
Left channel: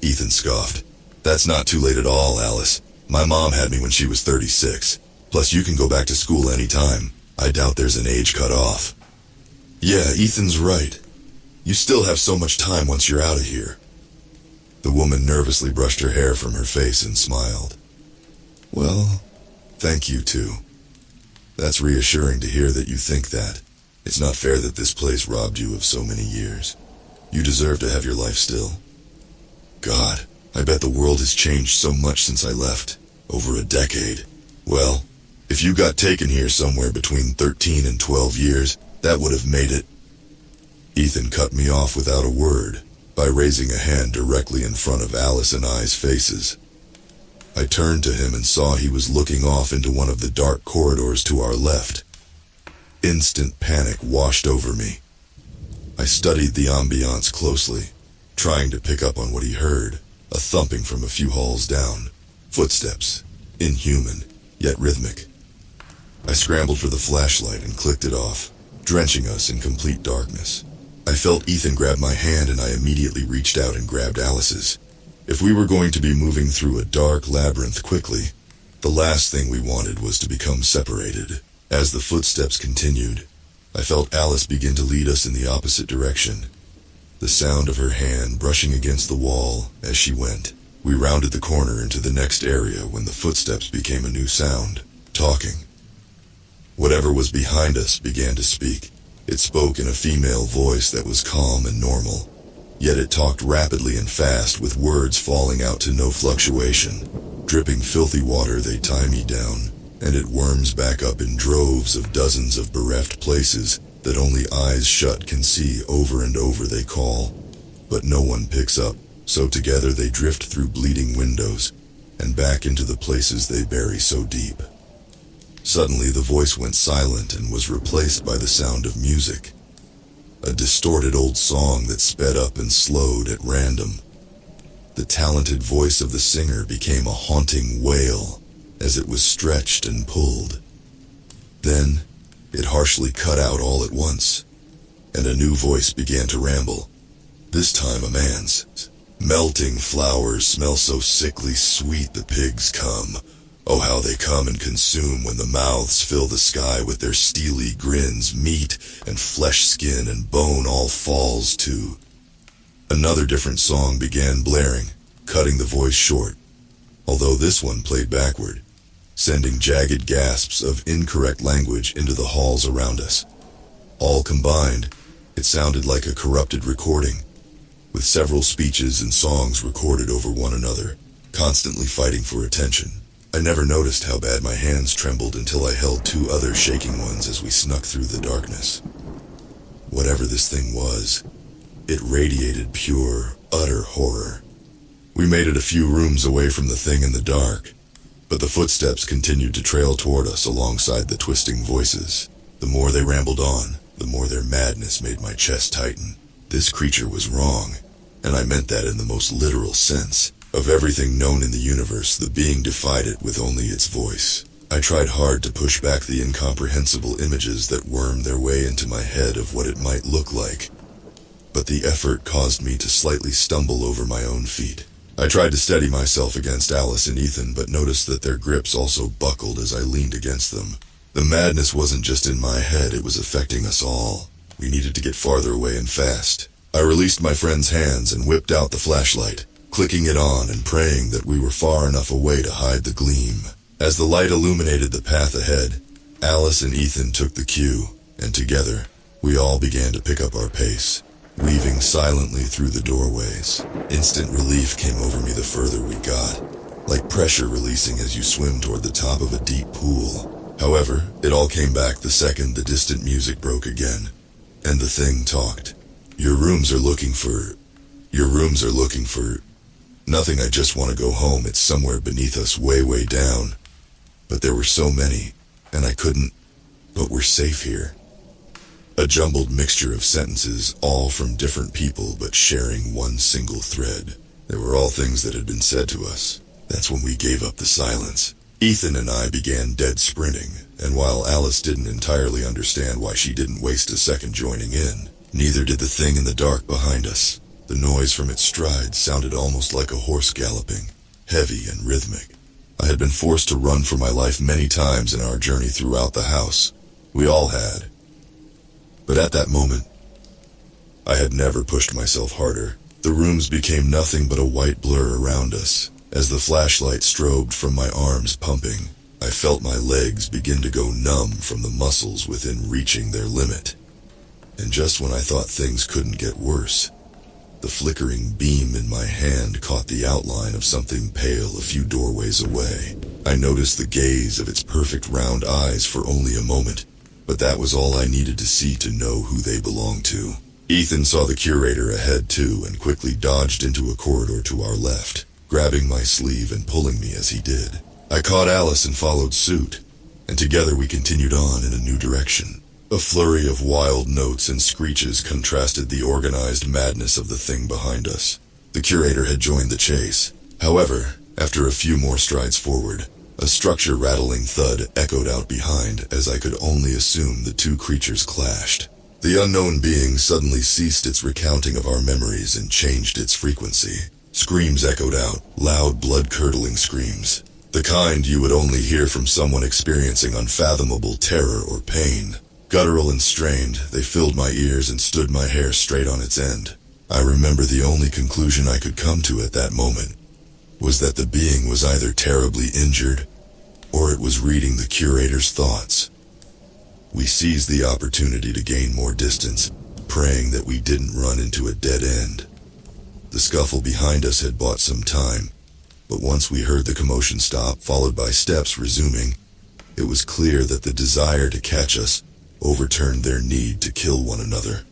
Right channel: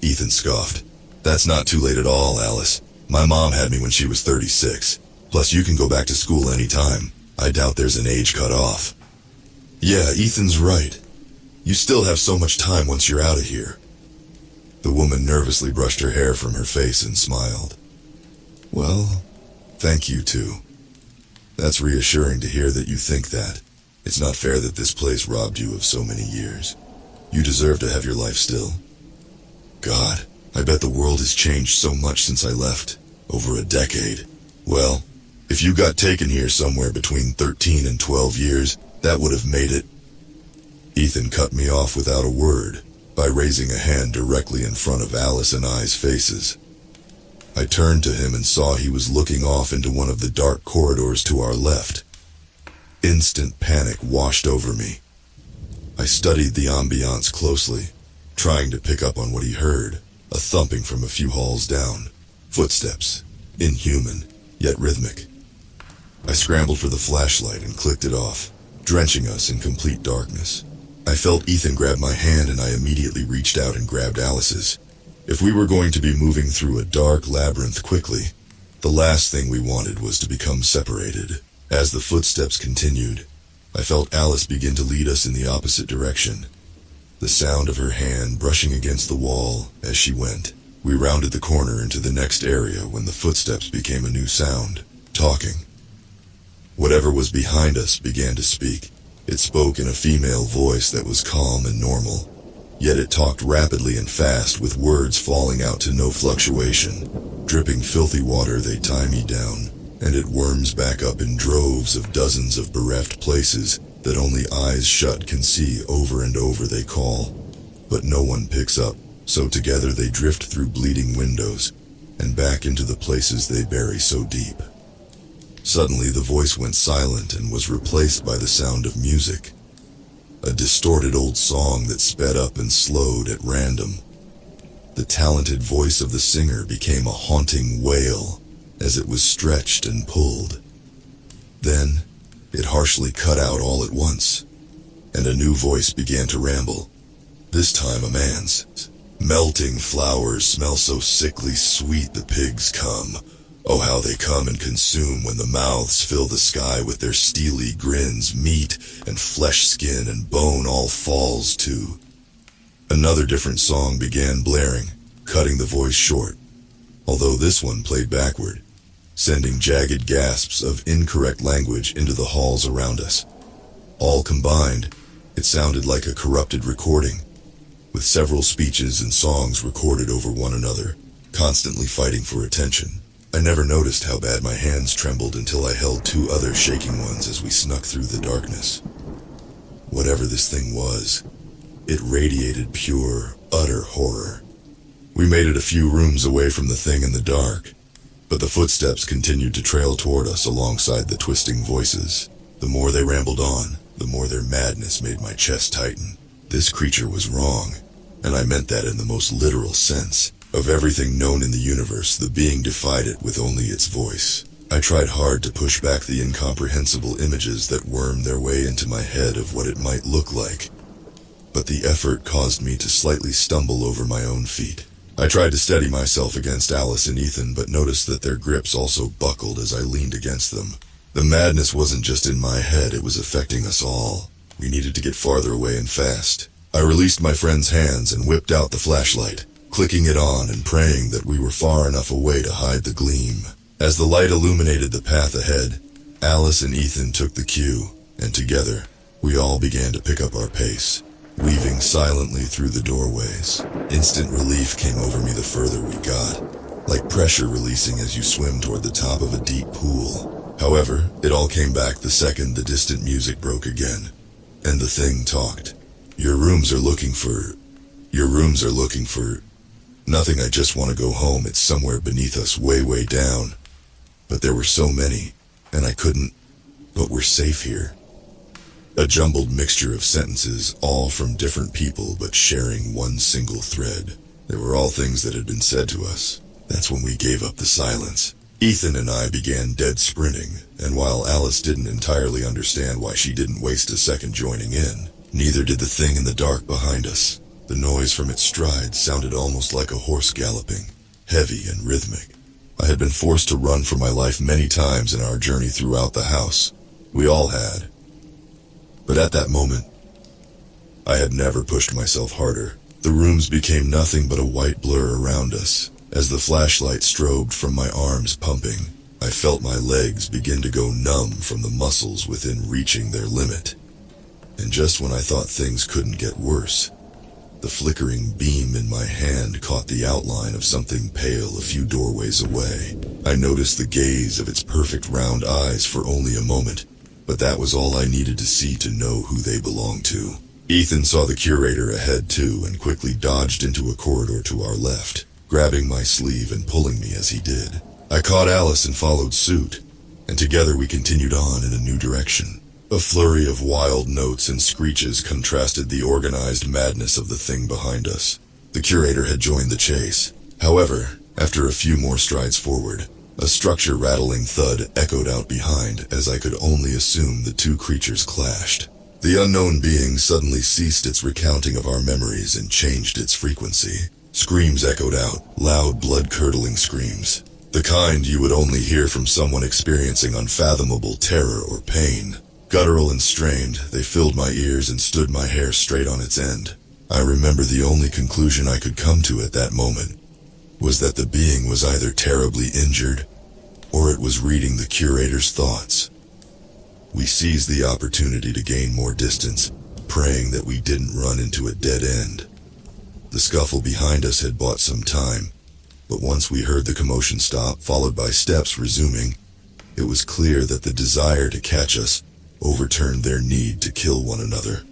Ethan scoffed. "That's not too late at all, Alice. My mom had me when she was 36. Plus, you can go back to school anytime. I doubt there's an age cut off." "Yeah, Ethan's right. You still have so much time once you're out of here." The woman nervously brushed her hair from her face and smiled. "Well, Thank you, too. That's reassuring to hear that you think that. It's not fair that this place robbed you of so many years. You deserve to have your life still. God, I bet the world has changed so much since I left. Over a decade. Well, if you got taken here somewhere between 13 and 12 years, that would have made it. Ethan cut me off without a word, by raising a hand directly in front of Alice and I's faces. I turned to him and saw he was looking off into one of the dark corridors to our left. Instant panic washed over me. I studied the ambiance closely, trying to pick up on what he heard, a thumping from a few halls down. Footsteps, inhuman, yet rhythmic. I scrambled for the flashlight and clicked it off, drenching us in complete darkness. I felt Ethan grab my hand and I immediately reached out and grabbed Alice's. If we were going to be moving through a dark labyrinth quickly, the last thing we wanted was to become separated. As the footsteps continued, I felt Alice begin to lead us in the opposite direction, the sound of her hand brushing against the wall as she went. We rounded the corner into the next area when the footsteps became a new sound, talking. Whatever was behind us began to speak. It spoke in a female voice that was calm and normal, yet it talked rapidly and fast with words falling out to no fluctuation. Dripping filthy water, they tie me down, and it worms back up in droves of dozens of bereft places that only eyes shut can see. Over and over they call, but no one picks up. So together they drift through bleeding windows, and back into the places they bury so deep. Suddenly the voice went silent and was replaced by the sound of music. A distorted old song that sped up and slowed at random. The talented voice of the singer became a haunting wail as it was stretched and pulled. Then, it harshly cut out all at once, and a new voice began to ramble, this time a man's. Melting flowers smell so sickly sweet the pigs come. Oh, how they come and consume when the mouths fill the sky with their steely grins. Meat and flesh, skin and bone all falls too. Another different song began blaring, cutting the voice short, although this one played backward, sending jagged gasps of incorrect language into the halls around us. All combined, it sounded like a corrupted recording, with several speeches and songs recorded over one another, constantly fighting for attention. I never noticed how bad my hands trembled until I held two other shaking ones as we snuck through the darkness. Whatever this thing was, it radiated pure, utter horror. We made it a few rooms away from the thing in the dark, but the footsteps continued to trail toward us alongside the twisting voices. The more they rambled on, the more their madness made my chest tighten. This creature was wrong, and I meant that in the most literal sense. Of everything known in the universe, the being defied it with only its voice. I tried hard to push back the incomprehensible images that wormed their way into my head of what it might look like, but the effort caused me to slightly stumble over my own feet. I tried to steady myself against Alice and Ethan, but noticed that their grips also buckled as I leaned against them. The madness wasn't just in my head, it was affecting us all. We needed to get farther away and fast. I released my friend's hands and whipped out the flashlight, clicking it on and praying that we were far enough away to hide the gleam. As the light illuminated the path ahead, Alice and Ethan took the cue, and together, we all began to pick up our pace, weaving silently through the doorways. Instant relief came over me the further we got, like pressure releasing as you swim toward the top of a deep pool. However, it all came back the second the distant music broke again, and the thing talked. Your rooms are looking for... Nothing, I just want to go home. It's somewhere beneath us, way, way down. But there were so many, and I couldn't... But we're safe here. A jumbled mixture of sentences, all from different people, but sharing one single thread. They were all things that had been said to us. That's when we gave up the silence. Ethan and I began dead sprinting, and while Alice didn't entirely understand why she didn't waste a second joining in, neither did the thing in the dark behind us. The noise from its stride sounded almost like a horse galloping, heavy and rhythmic. I had been forced to run for my life many times in our journey throughout the house. We all had. But at that moment, I had never pushed myself harder. The rooms became nothing but a white blur around us, as the flashlight strobed from my arms pumping. I felt my legs begin to go numb from the muscles within reaching their limit. And just when I thought things couldn't get worse, the flickering beam in my hand caught the outline of something pale a few doorways away. I noticed the gaze of its perfect round eyes for only a moment, but that was all I needed to see to know who they belonged to. Ethan saw the curator ahead too and quickly dodged into a corridor to our left, grabbing my sleeve and pulling me as he did. I caught Alice and followed suit, and together we continued on in a new direction. A flurry of wild notes and screeches contrasted the organized madness of the thing behind us. The curator had joined the chase. However, after a few more strides forward, a structure-rattling thud echoed out behind as I could only assume the two creatures clashed. The unknown being suddenly ceased its recounting of our memories and changed its frequency. Screams echoed out, loud blood-curdling screams. The kind you would only hear from someone experiencing unfathomable terror or pain. Guttural and strained, they filled my ears and stood my hair straight on its end. I remember the only conclusion I could come to at that moment was that the being was either terribly injured or it was reading the curator's thoughts. We seized the opportunity to gain more distance, praying that we didn't run into a dead end. The scuffle behind us had bought some time, but once we heard the commotion stop, followed by steps resuming, it was clear that the desire to catch us overturned their need to kill one another.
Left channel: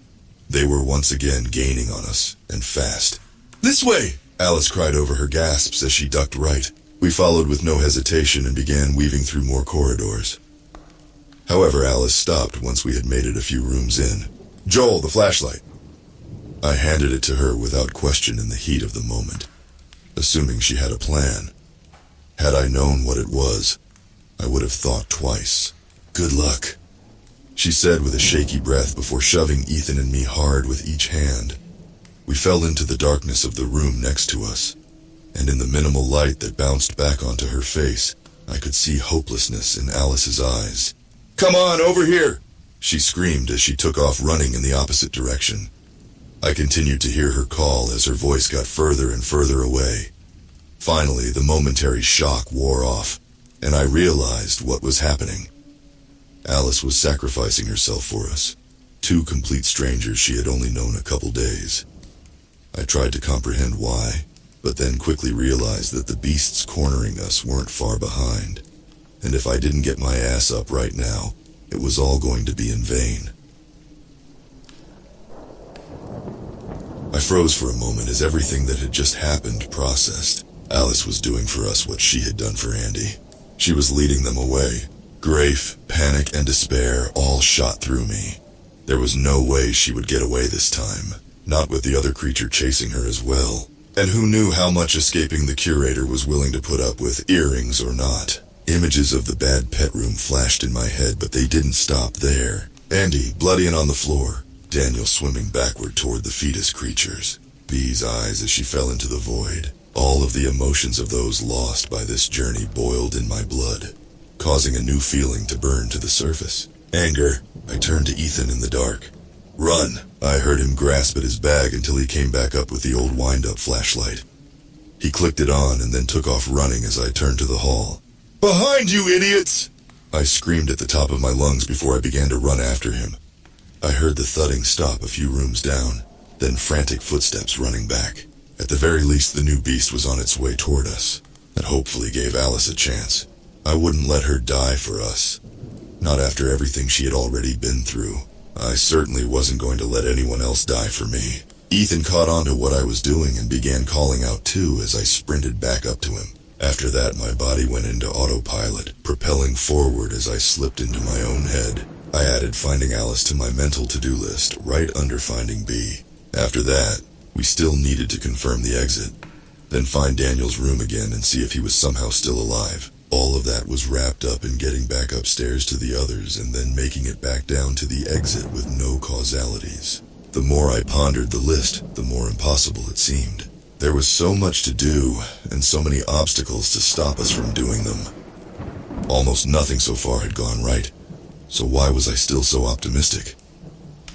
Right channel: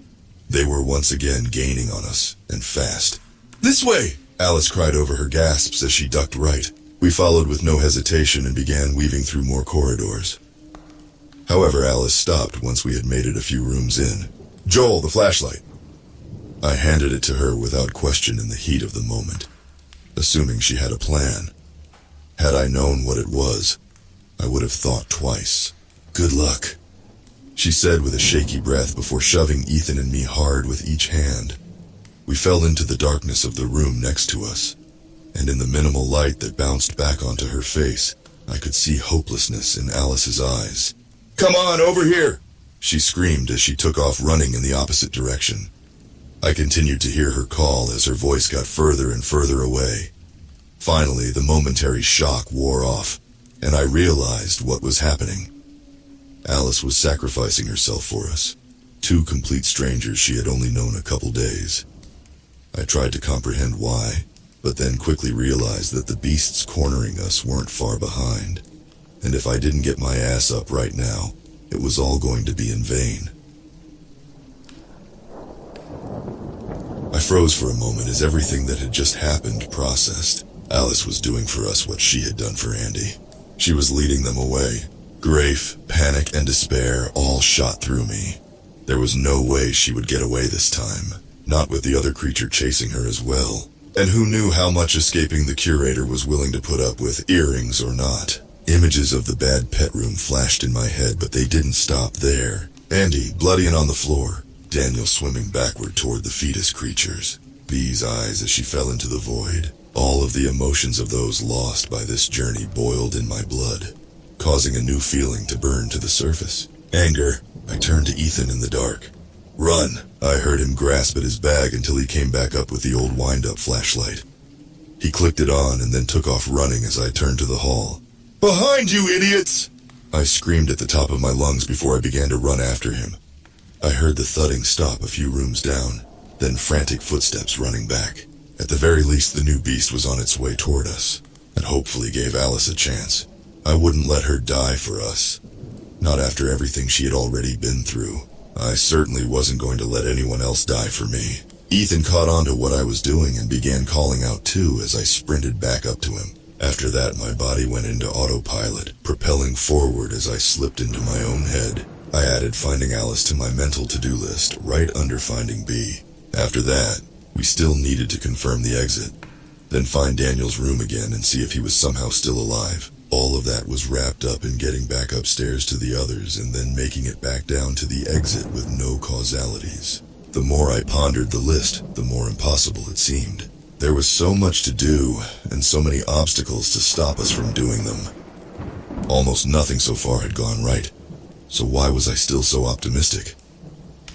They were once again gaining on us, and fast. "This way!" Alice cried over her gasps as she ducked right. We followed with no hesitation and began weaving through more corridors. However, Alice stopped once we had made it a few rooms in. "Joel, the flashlight." I handed it to her without question in the heat of the moment, assuming she had a plan. Had I known what it was, I would have thought twice. "Good luck," she said with a shaky breath before shoving Ethan and me hard with each hand. We fell into the darkness of the room next to us, and in the minimal light that bounced back onto her face, I could see hopelessness in Alice's eyes. "Come on, over here!" she screamed as she took off running in the opposite direction. I continued to hear her call as her voice got further and further away. Finally, the momentary shock wore off, and I realized what was happening. Alice was sacrificing herself for us, two complete strangers she had only known a couple days. I tried to comprehend why, but then quickly realized that the beasts cornering us weren't far behind, and if I didn't get my ass up right now, it was all going to be in vain. I froze for a moment as everything that had just happened processed. Alice was doing for us what she had done for Andy. She was leading them away. Grief, panic, and despair all shot through me. There was no way she would get away this time, not with the other creature chasing her as well. And who knew how much escaping the curator was willing to put up with, earrings or not. Images of the bad pet room flashed in my head, but they didn't stop there. Andy, bloody and on the floor. Daniel swimming backward toward the fetus creatures. Bee's eyes as she fell into the void. All of the emotions of those lost by this journey boiled in my blood, causing a new feeling to burn to the surface. Anger. I turned to Ethan in the dark. "Run!" I heard him grasp at his bag until he came back up with the old wind-up flashlight. He clicked it on and then took off running as I turned to the hall. "Behind you, idiots!" I screamed at the top of my lungs before I began to run after him. I heard the thudding stop a few rooms down, then frantic footsteps running back. At the very least, the new beast was on its way toward us. That hopefully gave Alice a chance. I wouldn't let her die for us. Not after everything she had already been through. I certainly wasn't going to let anyone else die for me. Ethan caught on to what I was doing and began calling out too as I sprinted back up to him. After that, my body went into autopilot, propelling forward as I slipped into my own head. I added finding Alice to my mental to-do list, right under finding B. After that, we still needed to confirm the exit, then find Daniel's room again and see if he was somehow still alive. All of that was wrapped up in getting back upstairs to the others and then making it back down to the exit with no causalities. The more I pondered the list, the more impossible it seemed. There was so much to do, and so many obstacles to stop us from doing them. Almost nothing so far had gone right, so why was I still so optimistic?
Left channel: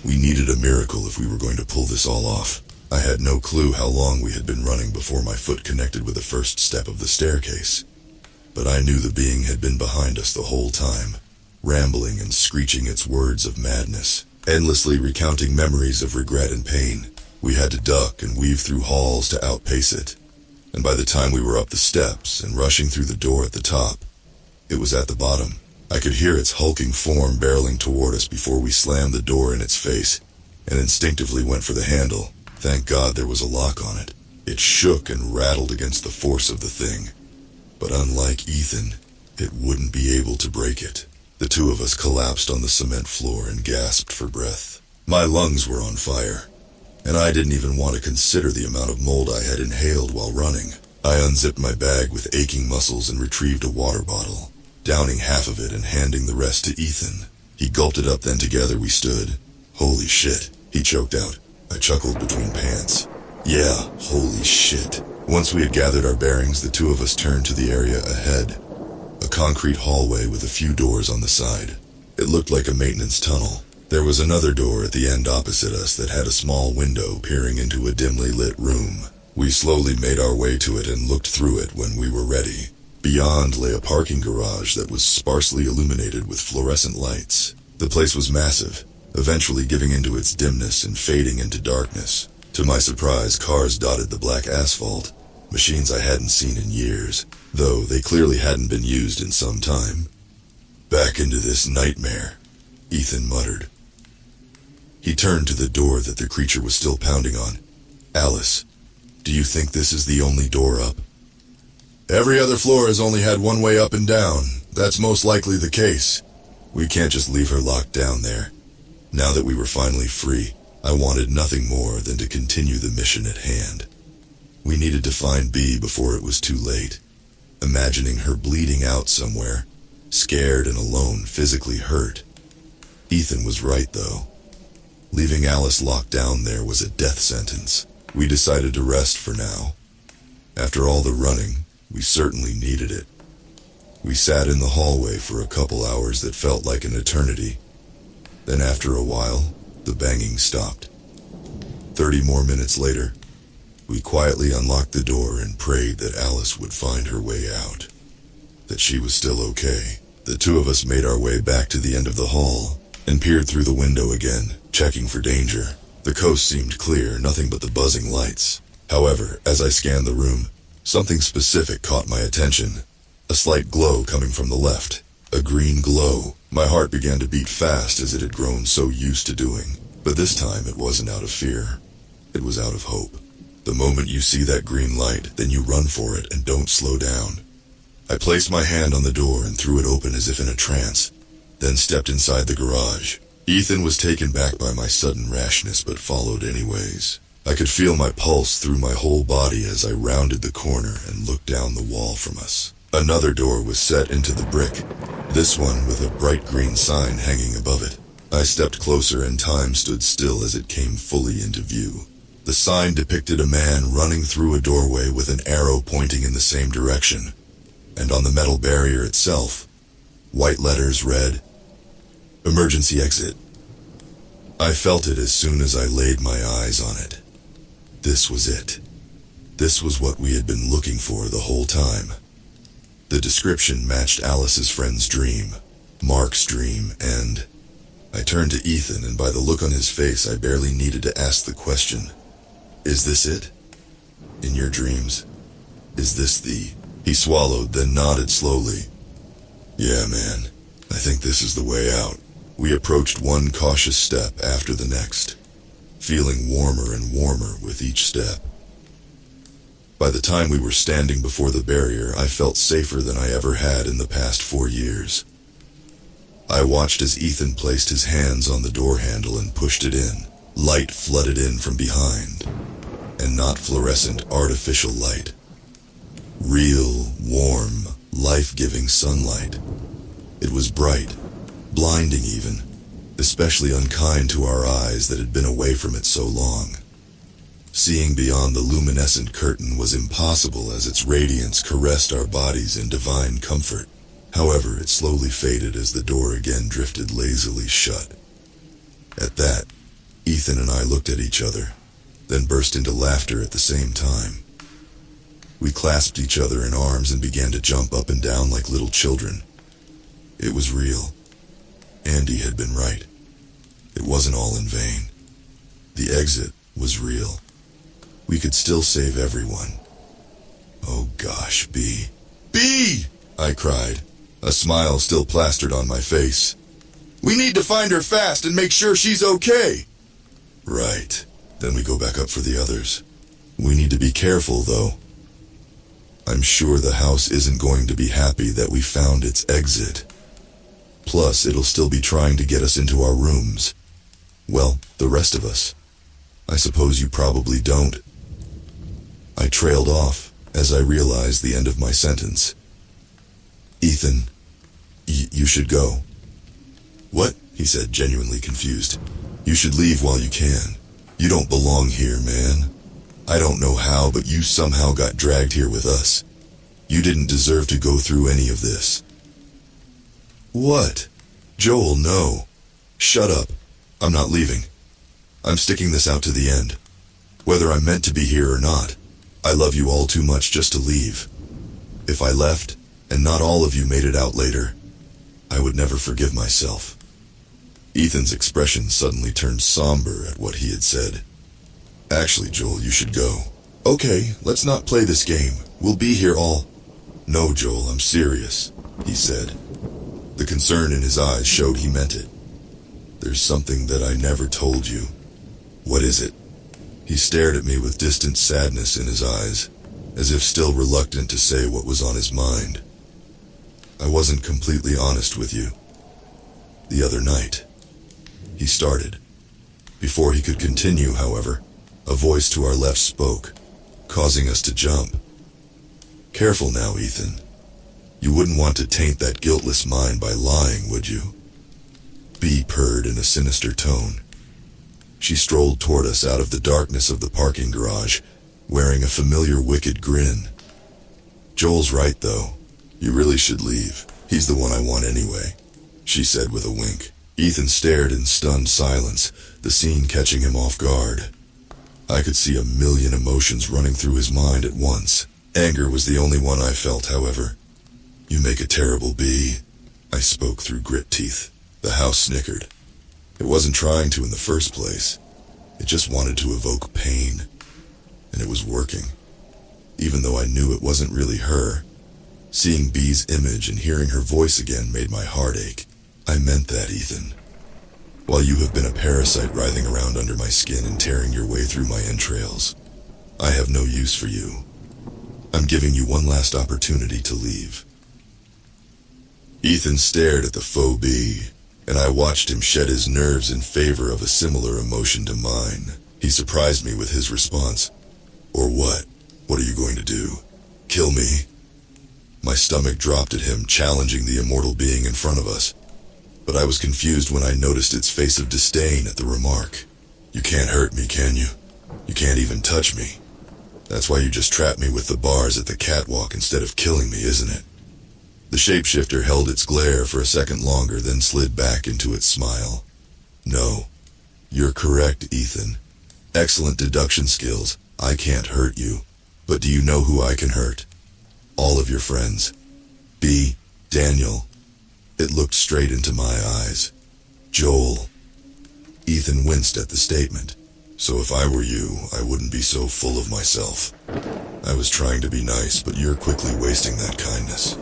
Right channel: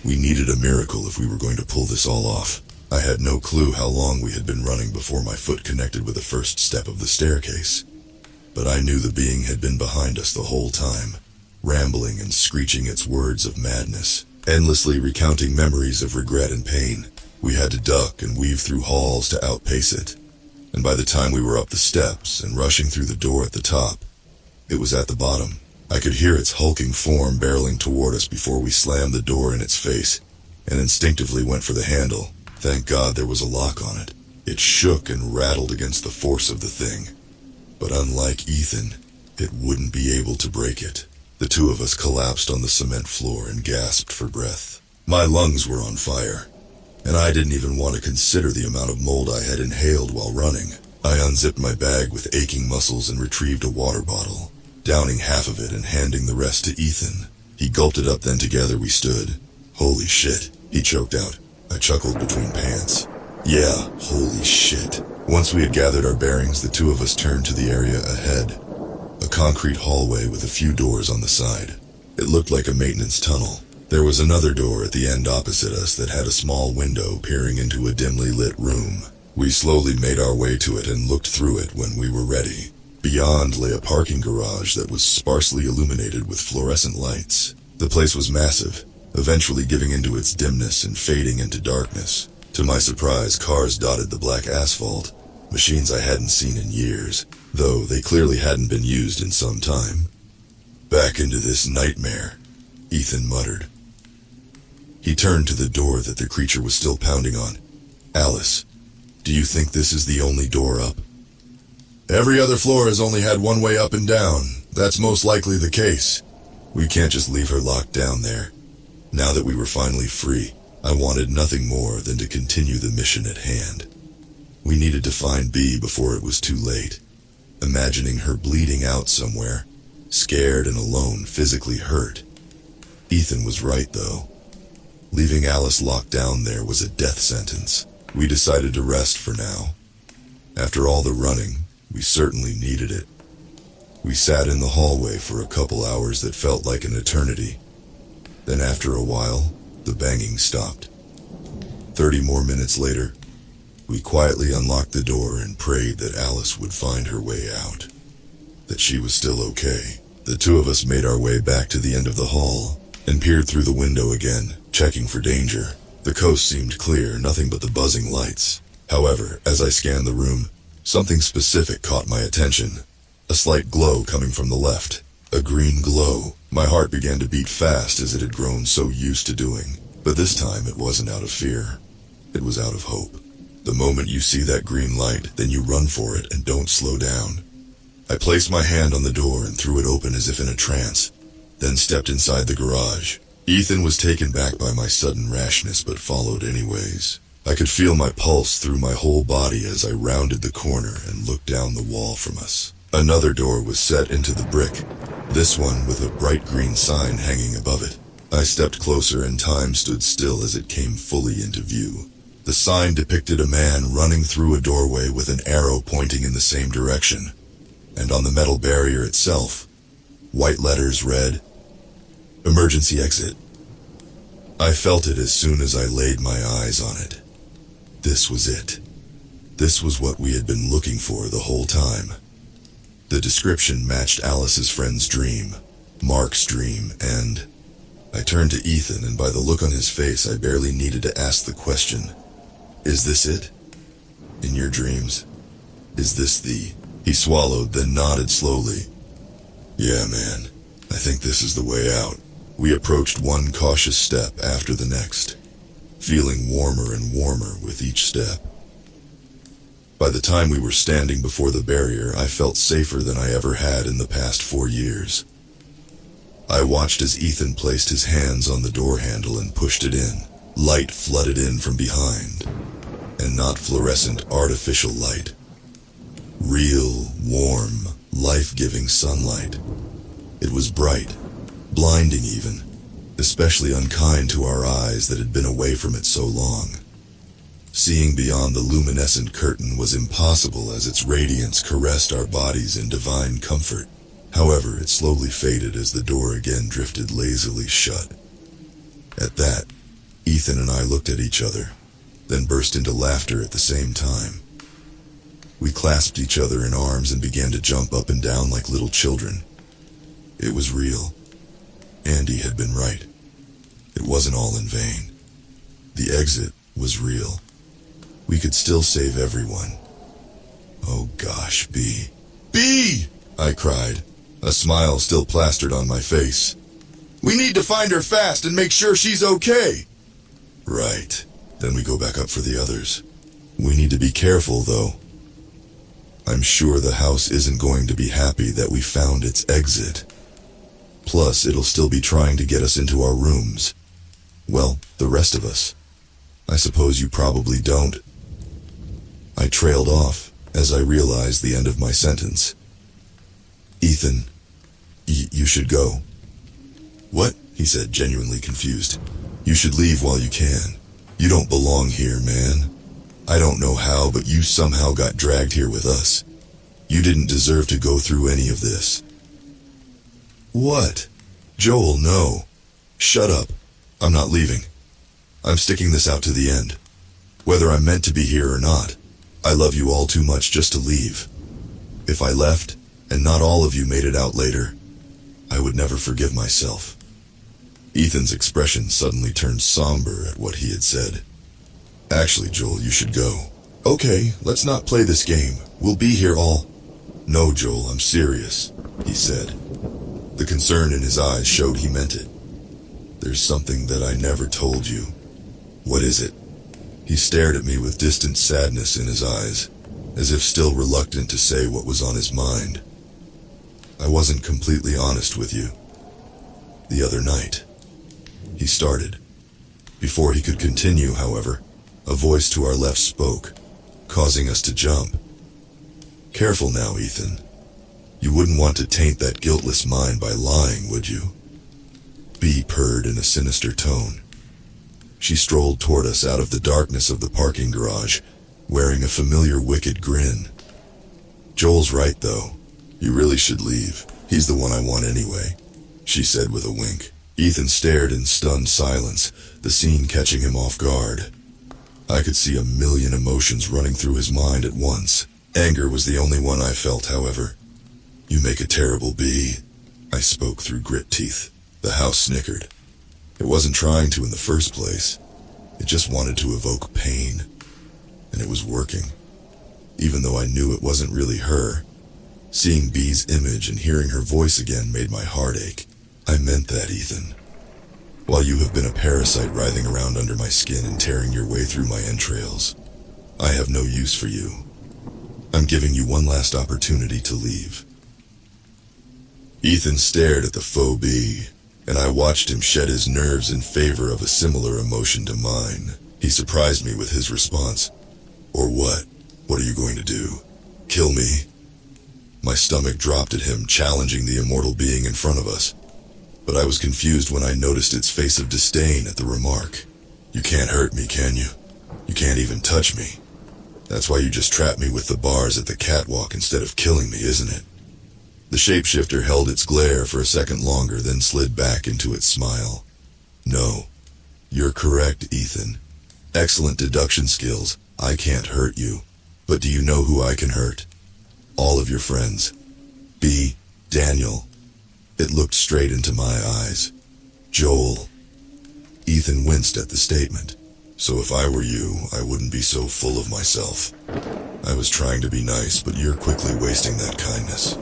We needed a miracle if we were going to pull this all off. I had no clue how long we had been running before my foot connected with the first step of the staircase. but I knew the being had been behind us the whole time, rambling and screeching its words of madness, endlessly recounting memories of regret and pain. We had to duck and weave through halls to outpace it, and by the time we were up the steps and rushing through the door at the top, it was at the bottom. I could hear its hulking form barreling toward us before we slammed the door in its face, and instinctively went for the handle. Thank God there was a lock on it. It shook and rattled against the force of the thing, but unlike Ethan, it wouldn't be able to break it. The two of us collapsed on the cement floor and gasped for breath. My lungs were on fire, and I didn't even want to consider the amount of mold I had inhaled while running. I unzipped my bag with aching muscles and retrieved a water bottle, downing half of it and handing the rest to Ethan. He gulped it up, then together we stood. Holy shit, he choked out. I chuckled between pants. Yeah, holy shit. Once we had gathered our bearings, the two of us turned to the area ahead. A concrete hallway with a few doors on the side. It looked like a maintenance tunnel. There was another door at the end opposite us that had a small window peering into a dimly lit room. We slowly made our way to it and looked through it when we were ready. Beyond lay a parking garage that was sparsely illuminated with fluorescent lights. The place was massive, eventually giving into its dimness and fading into darkness. To my surprise, cars dotted the black asphalt, machines I hadn't seen in years, though they clearly hadn't been used in some time. Back into this nightmare, Ethan muttered. He turned to the door that the creature was still pounding on. Alice, do you think this is the only door up? Every other floor has only had one way up and down. That's most likely the case. We can't just leave her locked down there. Now that we were finally free, I wanted nothing more than to continue the mission at hand. We needed to find Bea before it was too late. Imagining her bleeding out somewhere, scared and alone, physically hurt. Ethan was right, though. Leaving Alice locked down there was a death sentence. We decided to rest for now. After all the running, we certainly needed it. We sat in the hallway for a couple hours that felt like an eternity. Then after a while, the banging stopped. 30 more minutes later, we quietly unlocked the door and prayed that Alice would find her way out. That she was still okay. The two of us made our way back to the end of the hall and peered through the window again, checking for danger. The coast seemed clear, nothing but the buzzing lights. However, as I scanned the room, something specific caught my attention. A slight glow coming from the left. A green glow. My heart began to beat fast as it had grown so used to doing. But this time it wasn't out of fear. It was out of hope. The moment you see that green light, then you run for it and don't slow down. I placed my hand on the door and threw it open as if in a trance, then stepped inside the garage. Ethan was taken back by my sudden rashness but followed anyways. I could feel my pulse through my whole body as I rounded the corner and looked down the wall from us. Another door was set into the brick, this one with a bright green sign hanging above it. I stepped closer and time stood still as it came fully into view. The sign depicted a man running through a doorway with an arrow pointing in the same direction, and on the metal barrier itself, white letters read, "Emergency exit." I felt it as soon as I laid my eyes on it. This was it. This was what we had been looking for the whole time. The description matched Alice's friend's dream, Mark's dream, and I turned to Ethan, and by the look on his face, I barely needed to ask the question, "Is this it? In your dreams? Is this the..." He swallowed, then nodded slowly. "Yeah, man, I think this is the way out." We approached one cautious step after the next, feeling warmer and warmer with each step. By the time we were standing before the barrier, I felt safer than I ever had in the past 4 years. I watched as Ethan placed his hands on the door handle and pushed it in. Light flooded in from behind, and not fluorescent artificial light. Real, warm, life-giving sunlight. It was bright, blinding even, especially unkind to our eyes that had been away from it so long. Seeing beyond the luminescent curtain was impossible as its radiance caressed our bodies in divine comfort. However, it slowly faded as the door again drifted lazily shut. At that, Ethan and I looked at each other, then burst into laughter at the same time. We clasped each other in arms and began to jump up and down like little children. It was real. Andy had been right. It wasn't all in vain. The exit was real. We could still save everyone. Oh gosh, B. B! I cried, a smile still plastered on my face. We need to find her fast and make sure she's okay. Right. Then we go back up for the others. We need to be careful, though. I'm sure the house isn't going to be happy that we found its exit. Plus, it'll still be trying to get us into our rooms. Well, the rest of us. I suppose you probably don't. I trailed off as I realized the end of my sentence. Ethan, you should go. What? He said, genuinely confused. You should leave while you can. You don't belong here, man. I don't know how, but you somehow got dragged here with us. You didn't deserve to go through any of this. What? Joel, no. Shut up. I'm not leaving. I'm sticking this out to the end. Whether I'm meant to be here or not, I love you all too much just to leave. If I left, and not all of you made it out later, I would never forgive myself. Ethan's expression suddenly turned somber at what he had said. Actually, Joel, you should go. Okay, let's not play this game. We'll be here all... No, Joel, I'm serious, he said. The concern in his eyes showed he meant it. There's something that I never told you. What is it? He stared at me with distant sadness in his eyes, as if still reluctant to say what was on his mind. I wasn't completely honest with you. The other night, he started. Before he could continue, however, a voice to our left spoke, causing us to jump. Careful now, Ethan. You wouldn't want to taint that guiltless mind by lying, would you? B purred in a sinister tone. She strolled toward us out of the darkness of the parking garage, wearing a familiar wicked grin. Joel's right, though. You really should leave. He's the one I want anyway, she said with a wink. Ethan stared in stunned silence, the scene catching him off guard. I could see a million emotions running through his mind at once. Anger was the only one I felt, however. You make a terrible B, I spoke through grit teeth. The house snickered. It wasn't trying to in the first place. It just wanted to evoke pain. And it was working. Even though I knew it wasn't really her. Seeing B's image and hearing her voice again made my heart ache. I meant that, Ethan. While you have been a parasite writhing around under my skin and tearing your way through my entrails, I have no use for you. I'm giving you one last opportunity to leave. Ethan stared at the faux B, and I watched him shed his nerves in favor of a similar emotion to mine. He surprised me with his response. Or what? What are you going to do? Kill me? My stomach dropped at him, challenging the immortal being in front of us. But I was confused when I noticed its face of disdain at the remark. You can't hurt me, can you? You can't even touch me. That's why you just trapped me with the bars at the catwalk instead of killing me, isn't it? The shapeshifter held its glare for a second longer, then slid back into its smile. No. You're correct, Ethan. Excellent deduction skills. I can't hurt you. But do you know who I can hurt? All of your friends. B. Daniel. It looked straight into my eyes. Joel. Ethan winced at the statement. So if I were you, I wouldn't be so full of myself. I was trying to be nice, but you're quickly wasting that kindness.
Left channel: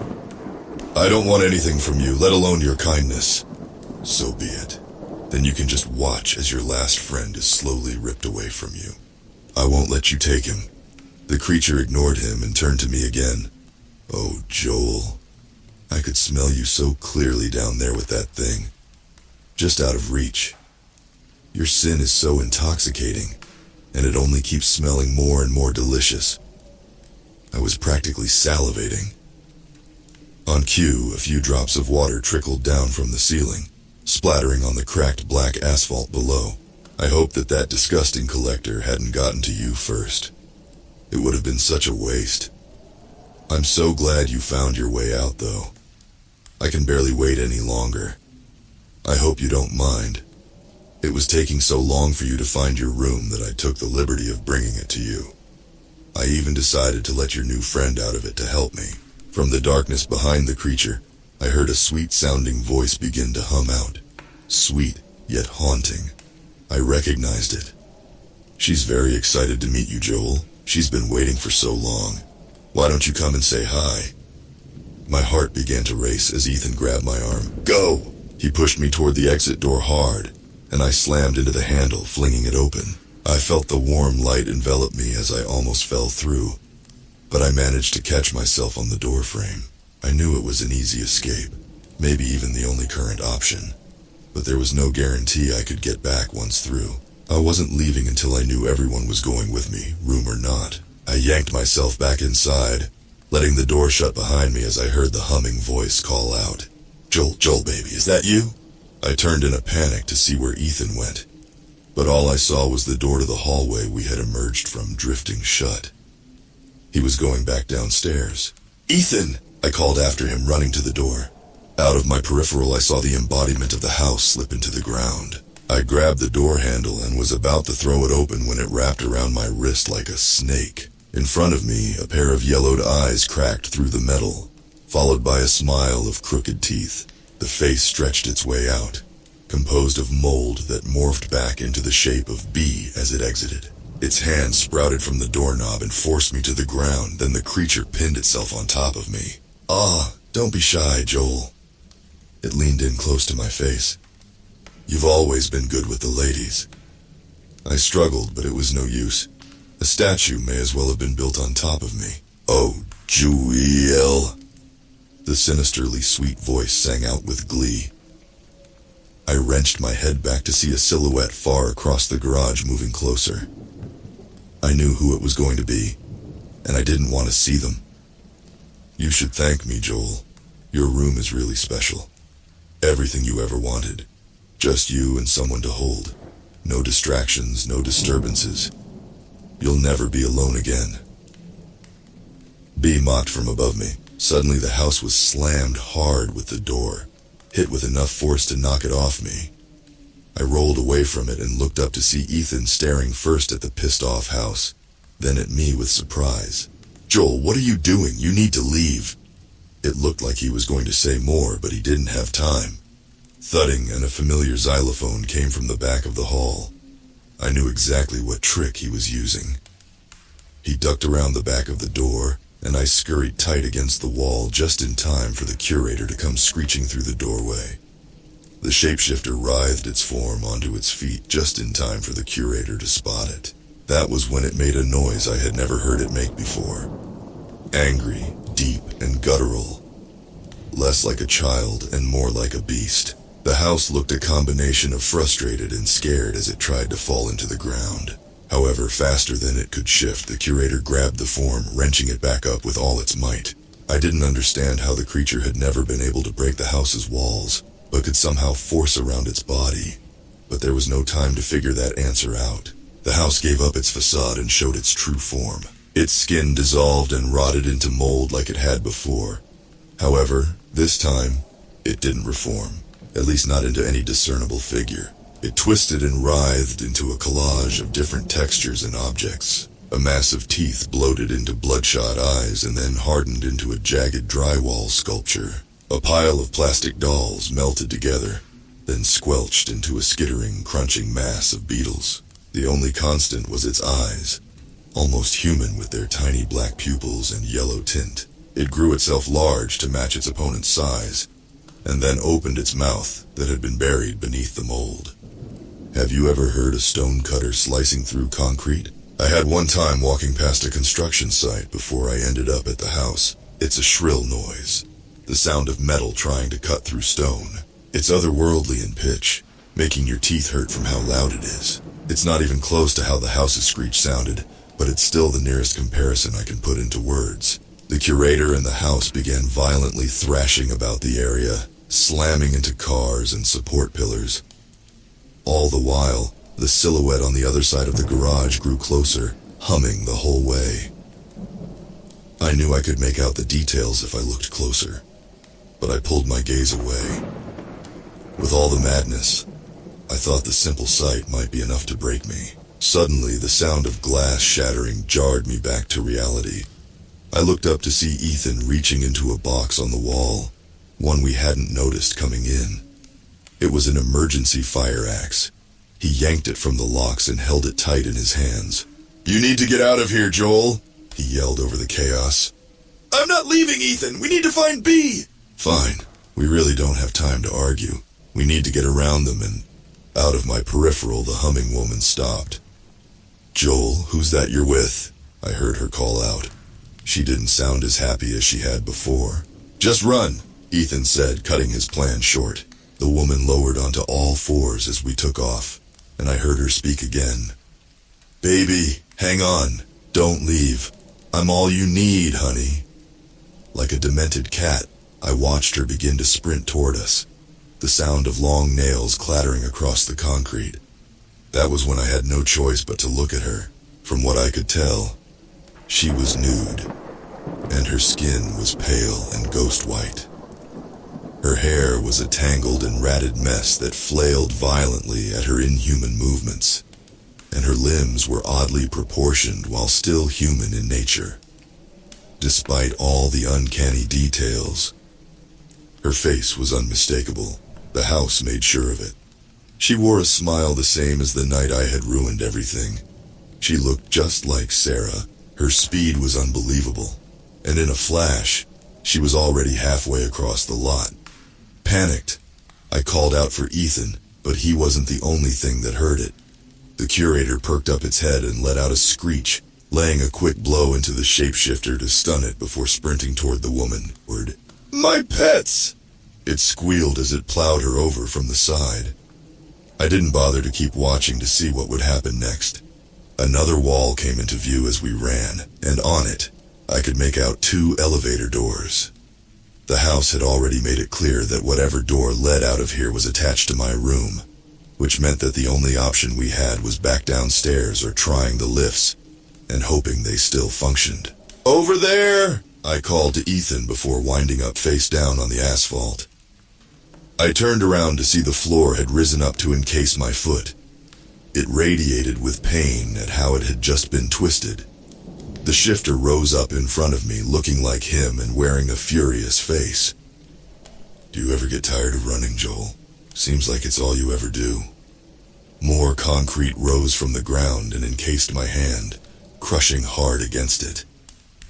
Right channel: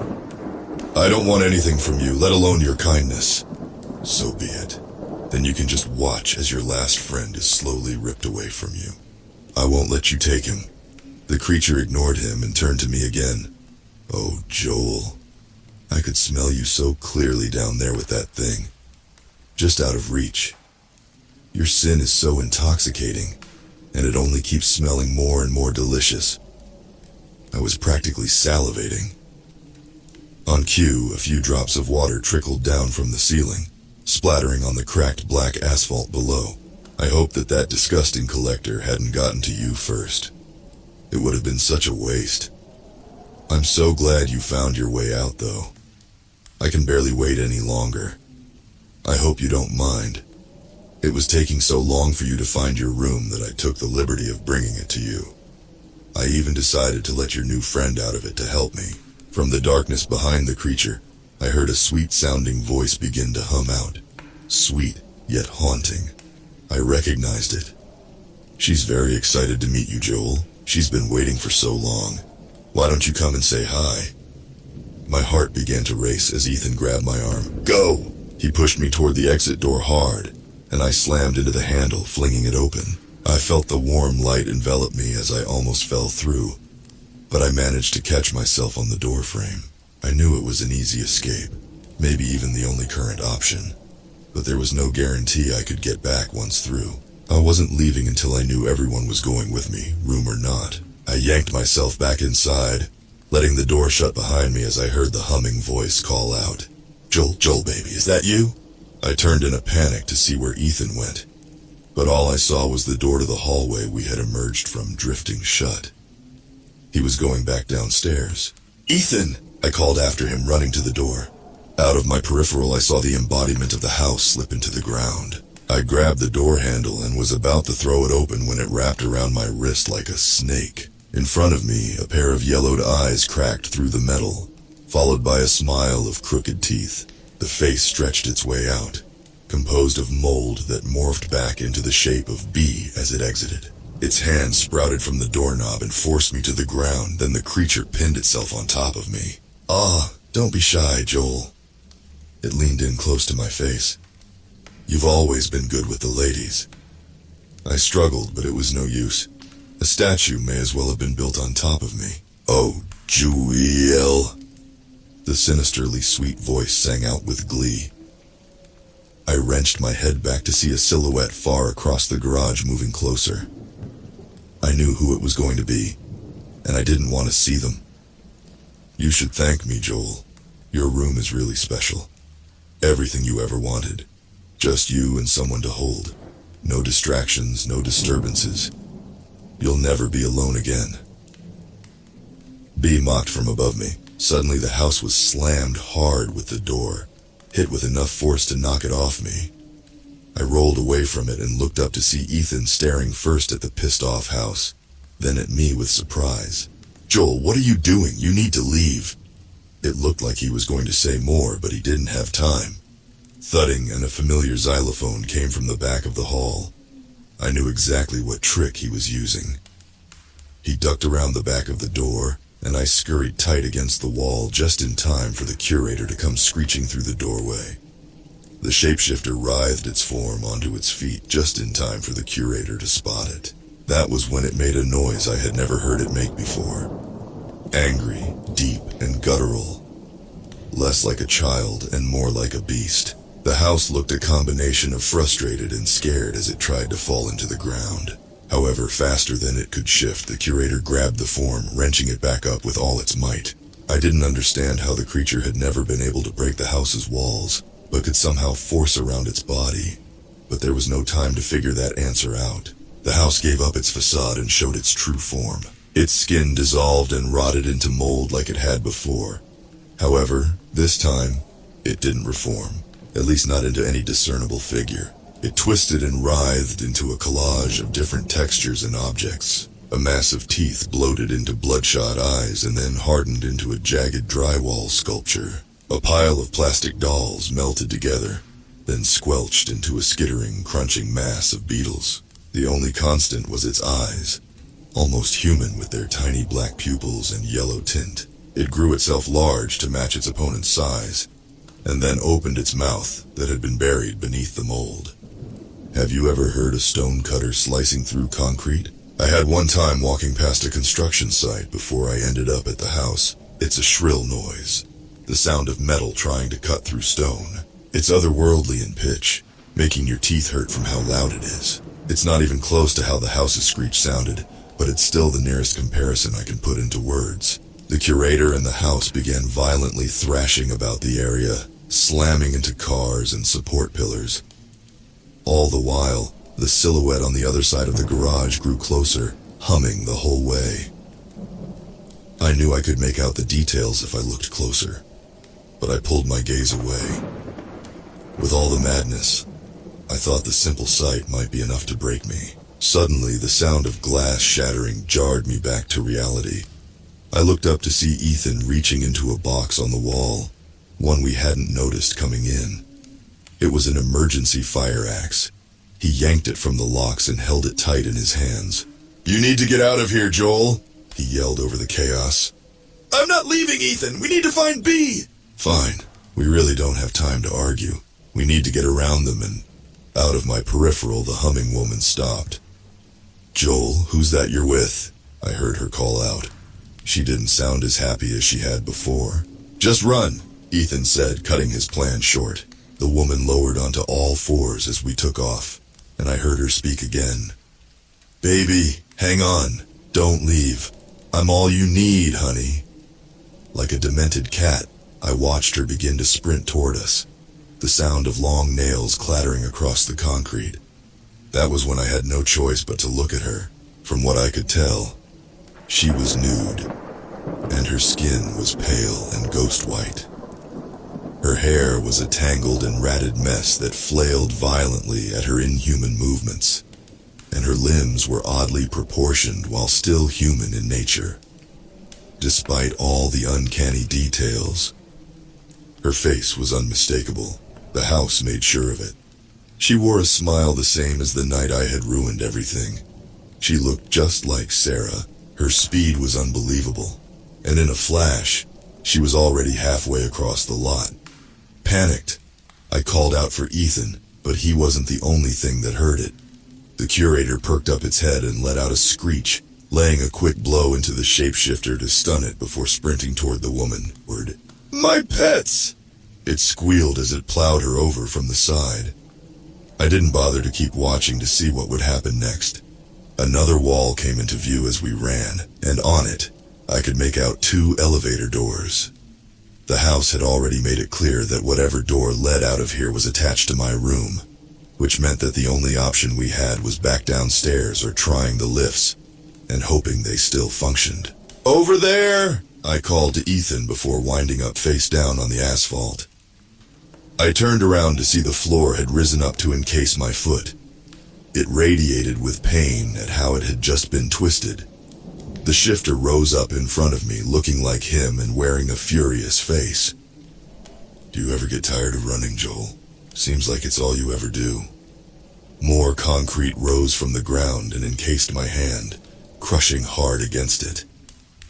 I don't want anything from you, let alone your kindness. So be it. Then you can just watch as your last friend is slowly ripped away from you. I won't let you take him. The creature ignored him and turned to me again. Oh, Joel. I could smell you so clearly down there with that thing. Just out of reach. Your sin is so intoxicating, and it only keeps smelling more and more delicious. I was practically salivating. On cue, a few drops of water trickled down from the ceiling, splattering on the cracked black asphalt below. I hoped that disgusting collector hadn't gotten to you first. It would have been such a waste. I'm so glad you found your way out, though. I can barely wait any longer. I hope you don't mind. It was taking so long for you to find your room that I took the liberty of bringing it to you. I even decided to let your new friend out of it to help me. From the darkness behind the creature, I heard a sweet-sounding voice begin to hum out. Sweet, yet haunting. I recognized it. She's very excited to meet you, Joel. She's been waiting for so long. Why don't you come and say hi? My heart began to race as Ethan grabbed my arm. Go! He pushed me toward the exit door hard, and I slammed into the handle, flinging it open. I felt the warm light envelop me as I almost fell through, but I managed to catch myself on the door frame. I knew it was an easy escape, maybe even the only current option, but there was no guarantee I could get back once through. I wasn't leaving until I knew everyone was going with me, room or not. I yanked myself back inside, letting the door shut behind me as I heard the humming voice call out. Joel baby, is that you? I turned in a panic to see where Ethan went, but all I saw was the door to the hallway we had emerged from drifting shut. He was going back downstairs. Ethan! I called after him, running to the door. Out of my peripheral, I saw the embodiment of the house slip into the ground. I grabbed the door handle and was about to throw it open when it wrapped around my wrist like a snake. In front of me, a pair of yellowed eyes cracked through the metal, followed by a smile of crooked teeth. The face stretched its way out, composed of mold that morphed back into the shape of B as it exited. Its hand sprouted from the doorknob and forced me to the ground, then the creature pinned itself on top of me. Don't be shy, Joel. It leaned in close to my face. You've always been good with the ladies. I struggled, but it was no use. A statue may as well have been built on top of me. Oh, Joel. The sinisterly sweet voice sang out with glee. I wrenched my head back to see a silhouette far across the garage moving closer. I knew who it was going to be, and I didn't want to see them. You should thank me, Joel. Your room is really special. Everything you ever wanted. Just you and someone to hold. No distractions, no disturbances. You'll never be alone again. B mocked from above me. Suddenly the house was slammed hard with the door, hit with enough force to knock it off me. I rolled away from it and looked up to see Ethan staring first at the pissed-off house, then at me with surprise. Joel, what are you doing? You need to leave. It looked like he was going to say more, but he didn't have time. Thudding and a familiar xylophone came from the back of the hall. I knew exactly what trick he was using. He ducked around the back of the door, and I scurried tight against the wall just in time for the curator to come screeching through the doorway. The shapeshifter writhed its form onto its feet just in time for the curator to spot it. That was when it made a noise I had never heard it make before. Angry, deep, and guttural. Less like a child and more like a beast. The house looked a combination of frustrated and scared as it tried to fall into the ground. However, faster than it could shift, the curator grabbed the form, wrenching it back up with all its might. I didn't understand how the creature had never been able to break the house's walls, but could somehow force around its body. But there was no time to figure that answer out. The house gave up its facade and showed its true form. Its skin dissolved and rotted into mold like it had before. However, this time, it didn't reform, at least not into any discernible figure. It twisted and writhed into a collage of different textures and objects. A mass of teeth bloated into bloodshot eyes and then hardened into a jagged drywall sculpture. A pile of plastic dolls melted together, then squelched into a skittering, crunching mass of beetles. The only constant was its eyes, almost human with their tiny black pupils and yellow tint. It grew itself large to match its opponent's size, and then opened its mouth that had been buried beneath the mold. Have you ever heard a stone cutter slicing through concrete? I had one time walking past a construction site before I ended up at the house. It's a shrill noise, the sound of metal trying to cut through stone. It's otherworldly in pitch, making your teeth hurt from how loud it is. It's not even close to how the house's screech sounded, but it's still the nearest comparison I can put into words. The curator and the house began violently thrashing about the area, slamming into cars and support pillars. All the while, the silhouette on the other side of the garage grew closer, humming the whole way. I knew I could make out the details if I looked closer, but I pulled my gaze away. With all the madness, I thought the simple sight might be enough to break me. Suddenly, the sound of glass shattering jarred me back to reality. I looked up to see Ethan reaching into a box on the wall, one we hadn't noticed coming in. It was an emergency fire axe. He yanked it from the locks and held it tight in his hands. "You need to get out of here, Joel," he yelled over the chaos. "I'm not leaving, Ethan. We need to find B." "Fine. We really don't have time to argue. We need to get around them," and out of my peripheral, the humming woman stopped. "Joel, who's that you're with?" I heard her call out. She didn't sound as happy as she had before. "Just run," Ethan said, cutting his plan short. The woman lowered onto all fours as we took off, and I heard her speak again. "Baby, hang on. Don't leave. I'm all you need, honey." Like a demented cat, I watched her begin to sprint toward us, the sound of long nails clattering across the concrete. That was when I had no choice but to look at her. From what I could tell, she was nude, and her skin was pale and ghost white. Her hair was a tangled and ratted mess that flailed violently at her inhuman movements, and her limbs were oddly proportioned while still human in nature. Despite all the uncanny details, her face was unmistakable. The house made sure of it. She wore a smile the same as the night I had ruined everything. She looked just like Sarah. Her speed was unbelievable, and in a flash, she was already halfway across the lot. Panicked, I called out for Ethan, but he wasn't the only thing that heard it. The curator perked up its head and let out a screech, laying a quick blow into the shapeshifter to stun it before sprinting toward the woman. "My pets!" It squealed as it plowed her over from the side. I didn't bother to keep watching to see what would happen next. Another wall came into view as we ran, and on it, I could make out 2 elevator doors. The house had already made it clear that whatever door led out of here was attached to my room, which meant that the only option we had was back downstairs or trying the lifts, and hoping they still functioned. "Over there!" I called to Ethan before winding up face down on the asphalt. I turned around to see the floor had risen up to encase my foot. It radiated with pain at how it had just been twisted. The shifter rose up in front of me, looking like him and wearing a furious face. "Do you ever get tired of running, Joel? Seems like it's all you ever do." More concrete rose from the ground and encased my hand, crushing hard against it.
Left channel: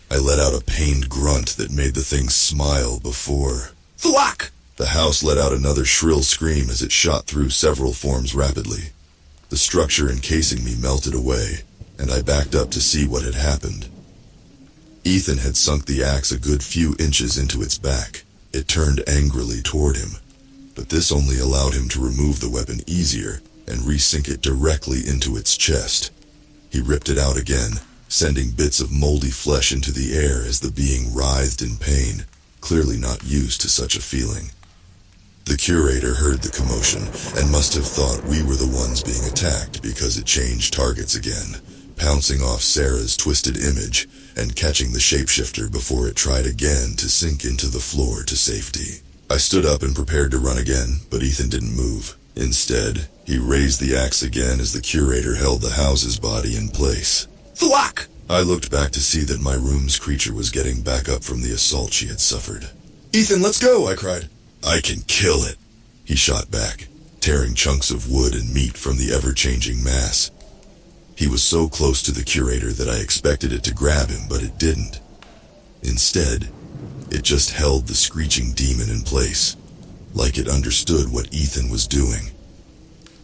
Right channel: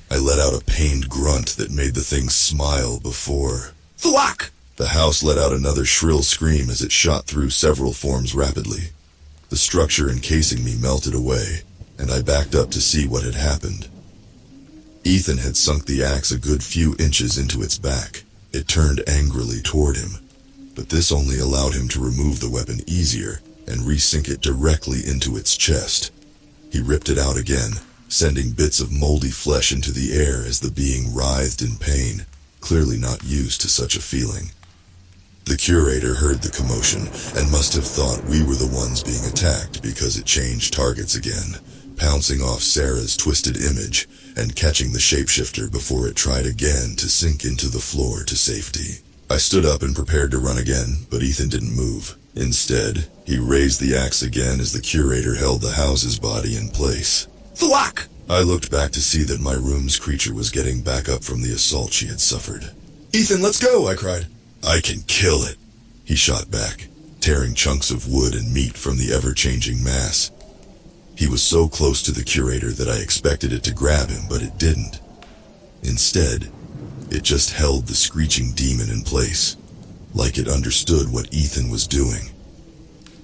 I let out a pained grunt that made the thing smile before... Thwack! The house let out another shrill scream as it shot through several forms rapidly. The structure encasing me melted away, and I backed up to see what had happened. Ethan had sunk the axe a good few inches into its back. It turned angrily toward him, but this only allowed him to remove the weapon easier and resink it directly into its chest. He ripped it out again, sending bits of moldy flesh into the air as the being writhed in pain, clearly not used to such a feeling. The curator heard the commotion and must have thought we were the ones being attacked because it changed targets again, pouncing off Sarah's twisted image and catching the shapeshifter before it tried again to sink into the floor to safety. I stood up and prepared to run again, but Ethan didn't move. Instead, he raised the axe again as the curator held the house's body in place. Thwack! I looked back to see that my room's creature was getting back up from the assault she had suffered. "Ethan, let's go!" I cried. "I can kill it," he shot back, tearing chunks of wood and meat from the ever-changing mass. He was so close to the curator that I expected it to grab him, but it didn't. Instead, it just held the screeching demon in place, like it understood what Ethan was doing.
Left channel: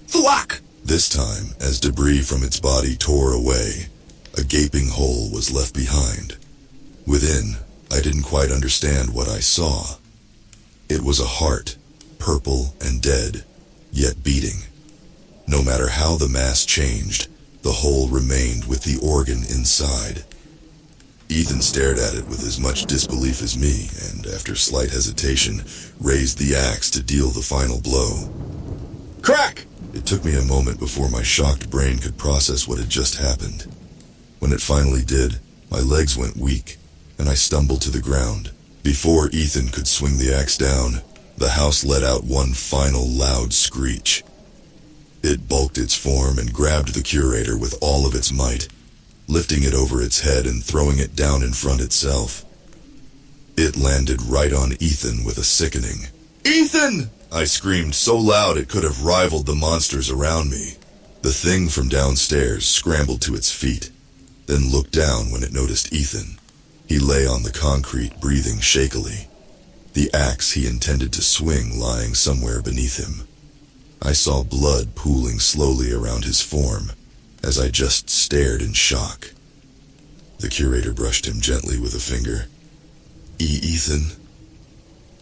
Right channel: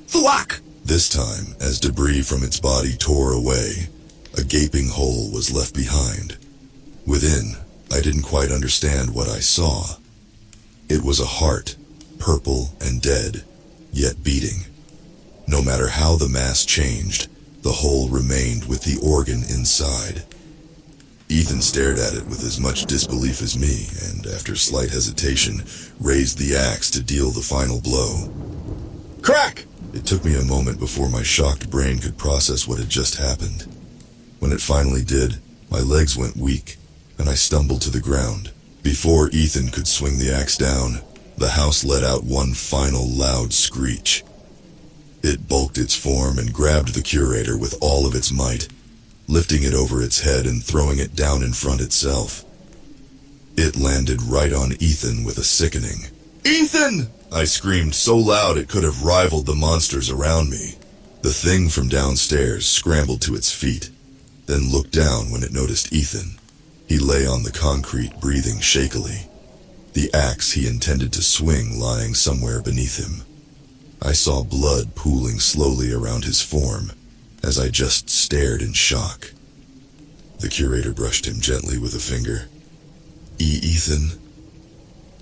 Thwack! This time, as debris from its body tore away, a gaping hole was left behind. Within, I didn't quite understand what I saw. It was a heart, purple and dead, yet beating. No matter how the mass changed, the hole remained with the organ inside. Ethan stared at it with as much disbelief as me, and after slight hesitation, raised the axe to deal the final blow. Crack! It took me a moment before my shocked brain could process what had just happened. When it finally did, my legs went weak, and I stumbled to the ground. Before Ethan could swing the axe down, the house let out one final loud screech. It bulked its form and grabbed the curator with all of its might, lifting it over its head and throwing it down in front itself. It landed right on Ethan with a sickening, "Ethan!" I screamed so loud it could have rivaled the monsters around me. The thing from downstairs scrambled to its feet, then looked down when it noticed Ethan. He lay on the concrete, breathing shakily, the axe he intended to swing lying somewhere beneath him. I saw blood pooling slowly around his form as I just stared in shock. The curator brushed him gently with a finger. Ethan?"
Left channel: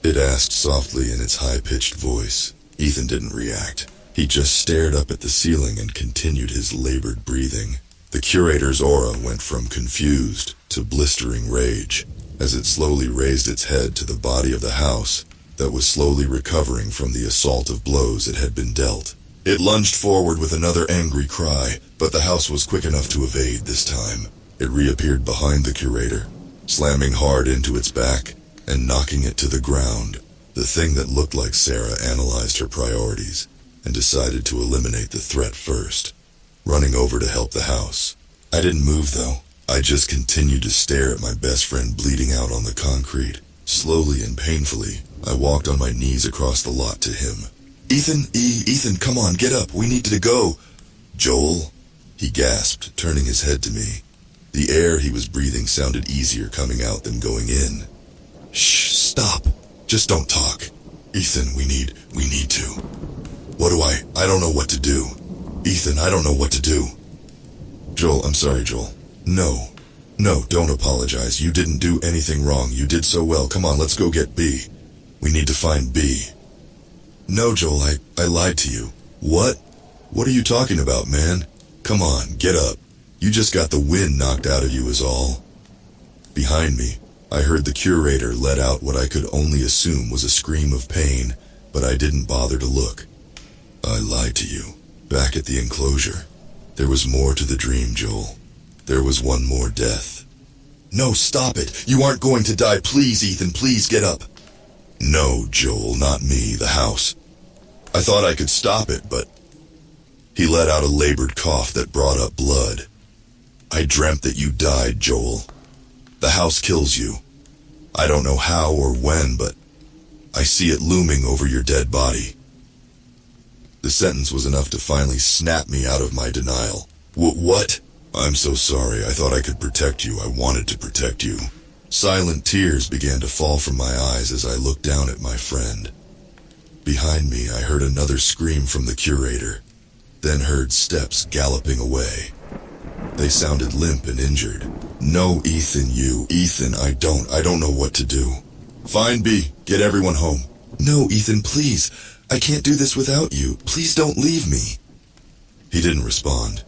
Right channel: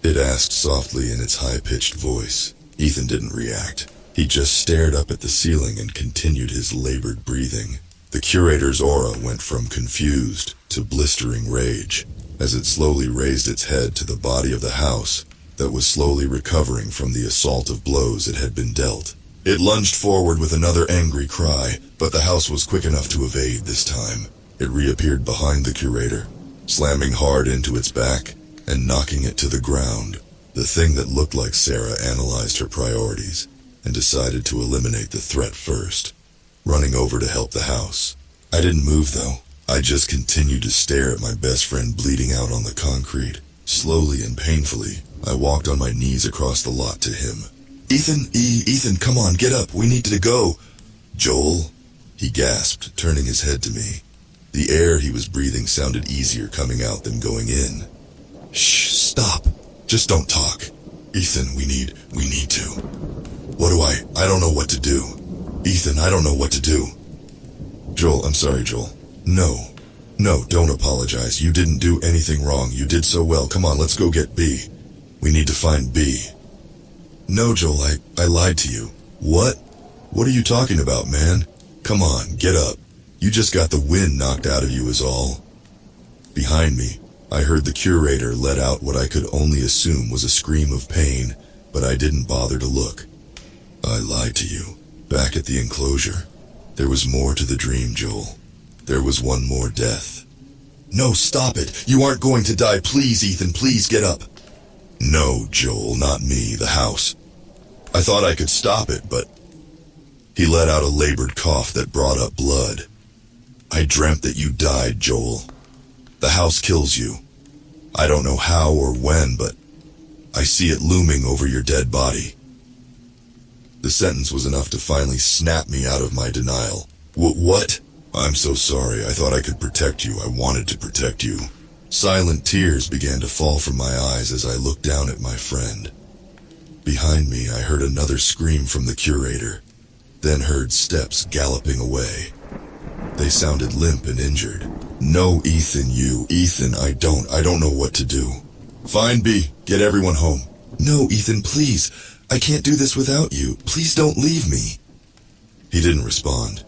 It asked softly in its high-pitched voice. Ethan didn't react. He just stared up at the ceiling and continued his labored breathing. The curator's aura went from confused to blistering rage as it slowly raised its head to the body of the house that was slowly recovering from the assault of blows it had been dealt. It lunged forward with another angry cry, but the house was quick enough to evade this time. It reappeared behind the curator, slamming hard into its back and knocking it to the ground. The thing that looked like Sarah analyzed her priorities and decided to eliminate the threat first, running over to help the house. I didn't move though. I just continued to stare at my best friend bleeding out on the concrete. Slowly and painfully, I walked on my knees across the lot to him. Ethan, come on, get up, we need to go." "Joel," he gasped, turning his head to me. The air he was breathing sounded easier coming out than going in. "Shh, stop. Just don't talk. Ethan, we need to. What do I don't know what to do. Ethan, I don't know what to do." "Joel, I'm sorry, Joel. No, don't apologize. You didn't do anything wrong. You did so well. Come on, let's go get B. We need to find B." "No, Joel, I lied to you." "What? What are you talking about, man? Come on, get up. You just got the wind knocked out of you is all." Behind me, I heard the curator let out what I could only assume was a scream of pain, but I didn't bother to look. "I lied to you. Back at the enclosure. There was more to the dream, Joel. There was one more death." "No, stop it. You aren't going to die. Please, Ethan, please get up." "No, Joel, not me, the house. I thought I could stop it, but..." He let out a labored cough that brought up blood. "I dreamt that you died, Joel. The house kills you. I don't know how or when, but I see it looming over your dead body." The sentence was enough to finally snap me out of my denial. What? "I'm so sorry. I thought I could protect you. I wanted to protect you." Silent tears began to fall from my eyes as I looked down at my friend. Behind me, I heard another scream from the curator, then heard steps galloping away. They sounded limp and injured. "No, Ethan, Ethan, I don't know what to do." "Find B. Get everyone home." "No, Ethan, please. I can't do this without you. Please don't leave me." He didn't respond.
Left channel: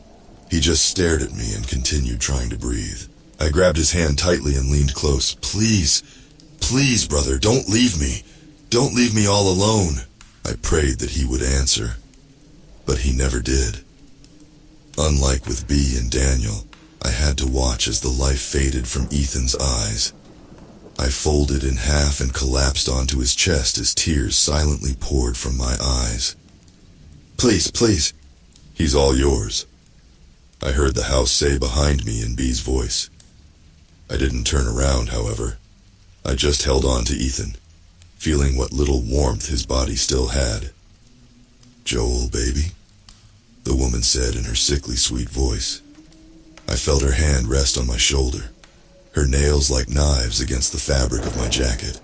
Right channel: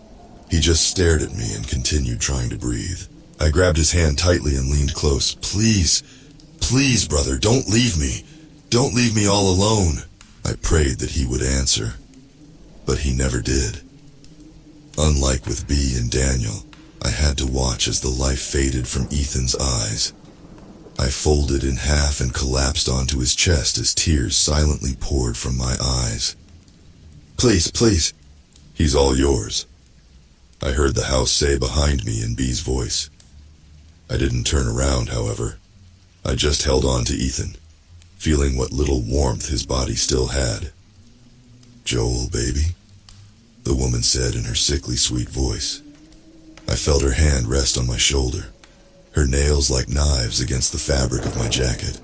He just stared at me and continued trying to breathe. I grabbed his hand tightly and leaned close. Please, brother, don't leave me. Don't leave me all alone." I prayed that he would answer, but he never did. Unlike with B and Daniel, I had to watch as the life faded from Ethan's eyes. I folded in half and collapsed onto his chest as tears silently poured from my eyes. Please. "He's all yours," I heard the house say behind me in B's voice. I didn't turn around, however. I just held on to Ethan, feeling what little warmth his body still had. "Joel, baby," the woman said in her sickly sweet voice. I felt her hand rest on my shoulder, her nails like knives against the fabric of my jacket.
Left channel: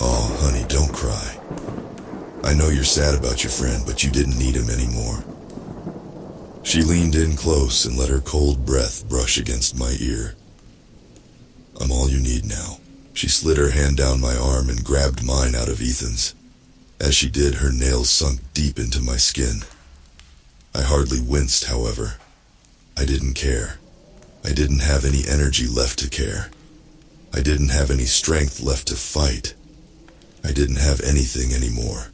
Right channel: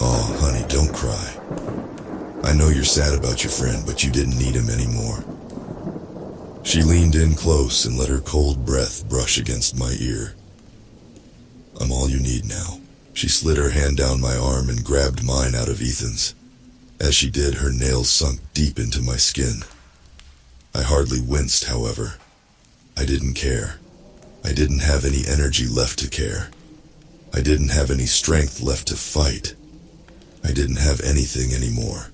"Oh, honey, don't cry. I know you're sad about your friend, but you didn't need him anymore." She leaned in close and let her cold breath brush against my ear. "I'm all you need now." She slid her hand down my arm and grabbed mine out of Ethan's. As she did, her nails sunk deep into my skin. I hardly winced, however. I didn't care. I didn't have any energy left to care. I didn't have any strength left to fight. I didn't have anything anymore.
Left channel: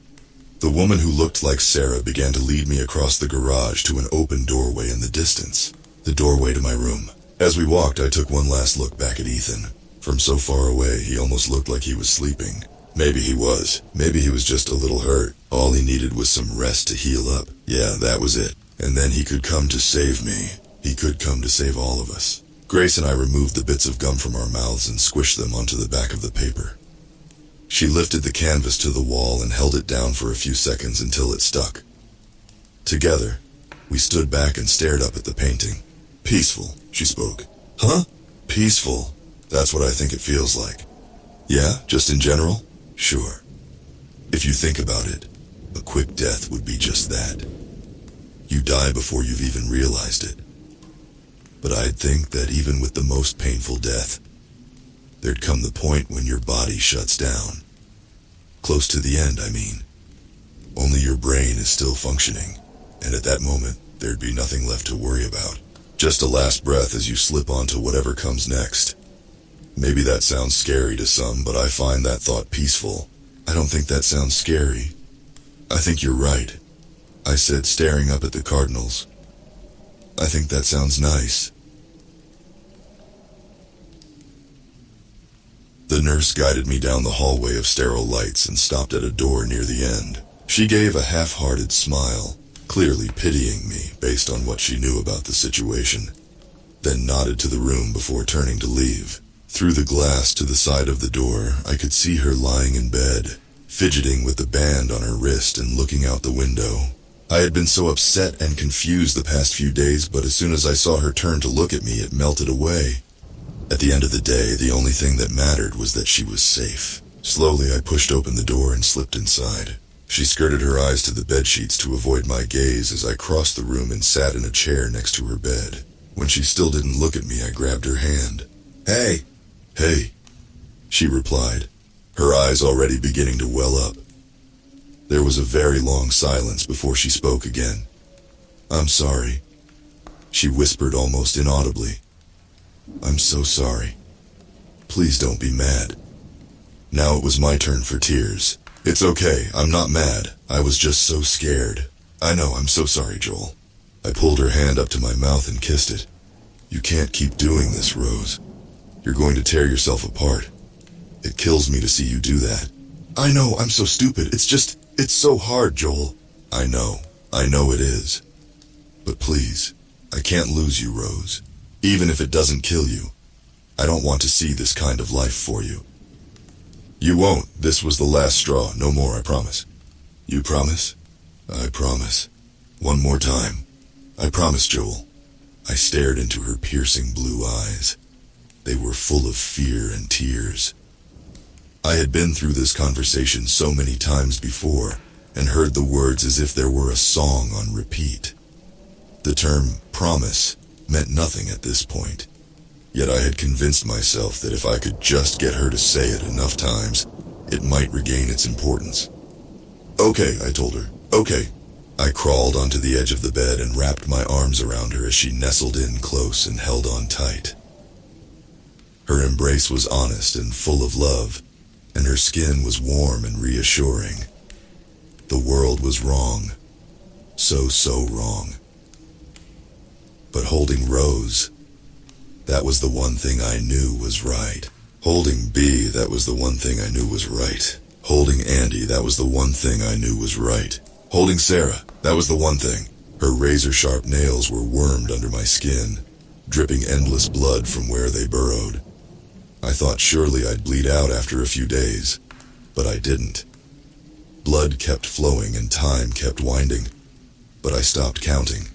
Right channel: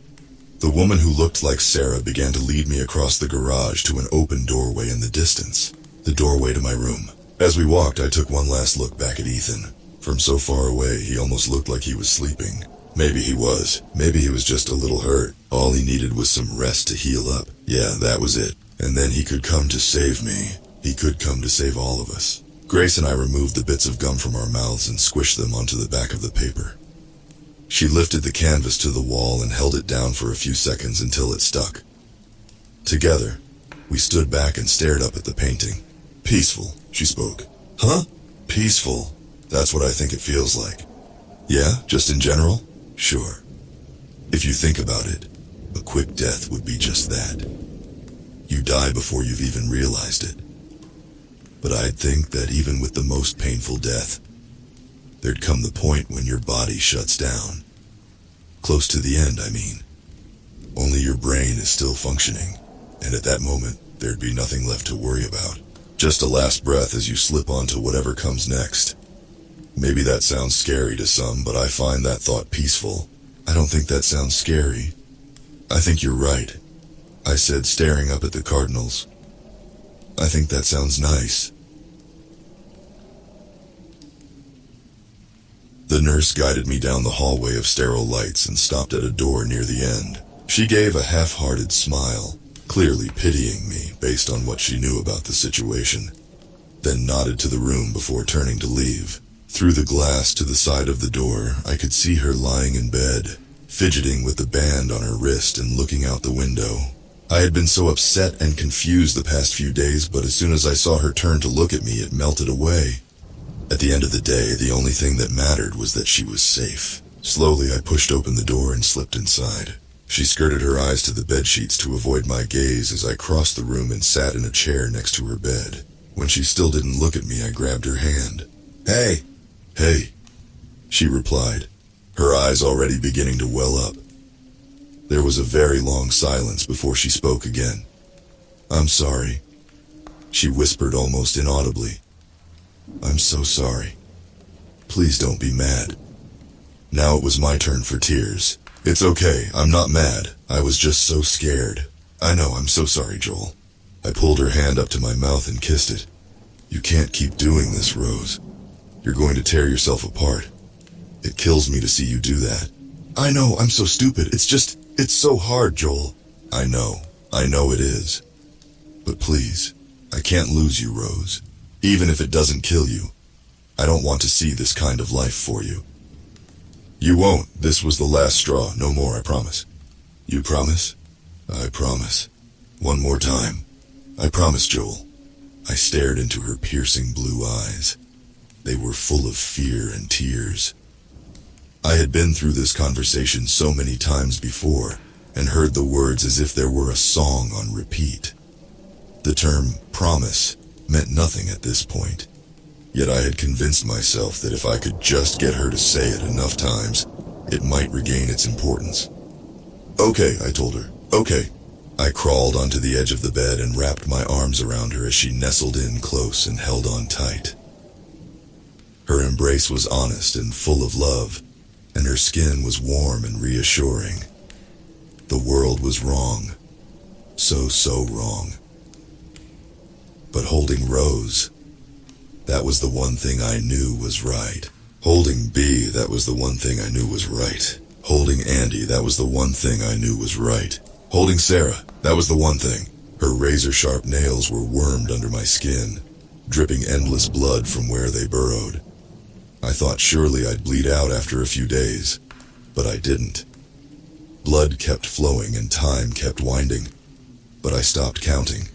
The woman who looked like Sarah began to lead me across the garage to an open doorway in the distance, the doorway to my room. As we walked, I took one last look back at Ethan. From so far away, he almost looked like he was sleeping. Maybe he was. Maybe he was just a little hurt. All he needed was some rest to heal up. Yeah, that was it. And then he could come to save me. He could come to save all of us. Grace and I removed the bits of gum from our mouths and squished them onto the back of the paper. She lifted the canvas to the wall and held it down for a few seconds until it stuck. Together, we stood back and stared up at the painting. Peaceful, she spoke. Huh? Peaceful. That's what I think it feels like. Yeah, just in general? Sure. If you think about it, a quick death would be just that. You die before you've even realized it. But I'd think that even with the most painful death, there'd come the point when your body shuts down. Close to the end, I mean. Only your brain is still functioning, and at that moment, there'd be nothing left to worry about. Just a last breath as you slip onto whatever comes next. Maybe that sounds scary to some, but I find that thought peaceful. I don't think that sounds scary. I think you're right, I said, staring up at the cardinals. I think that sounds nice. The nurse guided me down the hallway of sterile lights and stopped at a door near the end. She gave a half-hearted smile, clearly pitying me based on what she knew about the situation, then nodded to the room before turning to leave. Through the glass to the side of the door, I could see her lying in bed, fidgeting with the band on her wrist and looking out the window. I had been so upset and confused the past few days, but as soon as I saw her turn to look at me, it melted away. At the end of the day, the only thing that mattered was that she was safe. Slowly, I pushed open the door and slipped inside. She skirted her eyes to the bedsheets to avoid my gaze as I crossed the room and sat in a chair next to her bed. When she still didn't look at me, I grabbed her hand. Hey! Hey, she replied, her eyes already beginning to well up. There was a very long silence before she spoke again. I'm sorry, she whispered almost inaudibly. I'm so sorry. Please don't be mad. Now it was my turn for tears. It's okay, I'm not mad. I was just so scared. I know, I'm so sorry, Joel. I pulled her hand up to my mouth and kissed it. You can't keep doing this, Rose. You're going to tear yourself apart. It kills me to see you do that. I know, I'm so stupid. It's so hard, Joel. I know it is. But please, I can't lose you, Rose. Even if it doesn't kill you. I don't want to see this kind of life for you. You won't. This was the last straw. No more, I promise. You promise? I promise. One more time. I promise, Joel. I stared into her piercing blue eyes. They were full of fear and tears. I had been through this conversation so many times before, and heard the words as if there were a song on repeat. The term promise meant nothing at this point. Yet I had convinced myself that if I could just get her to say it enough times, it might regain its importance. Okay, I told her. Okay. I crawled onto the edge of the bed and wrapped my arms around her as she nestled in close and held on tight. Her embrace was honest and full of love, and her skin was warm and reassuring. The world was wrong. So wrong. But holding Rose, that was the one thing I knew was right. Holding B, that was the one thing I knew was right. Holding Andy, that was the one thing I knew was right. Holding Sarah, that was the one thing. Her razor-sharp nails were wormed under my skin, dripping endless blood from where they burrowed. I thought surely I'd bleed out after a few days, but I didn't. Blood kept flowing and time kept winding, but I stopped counting.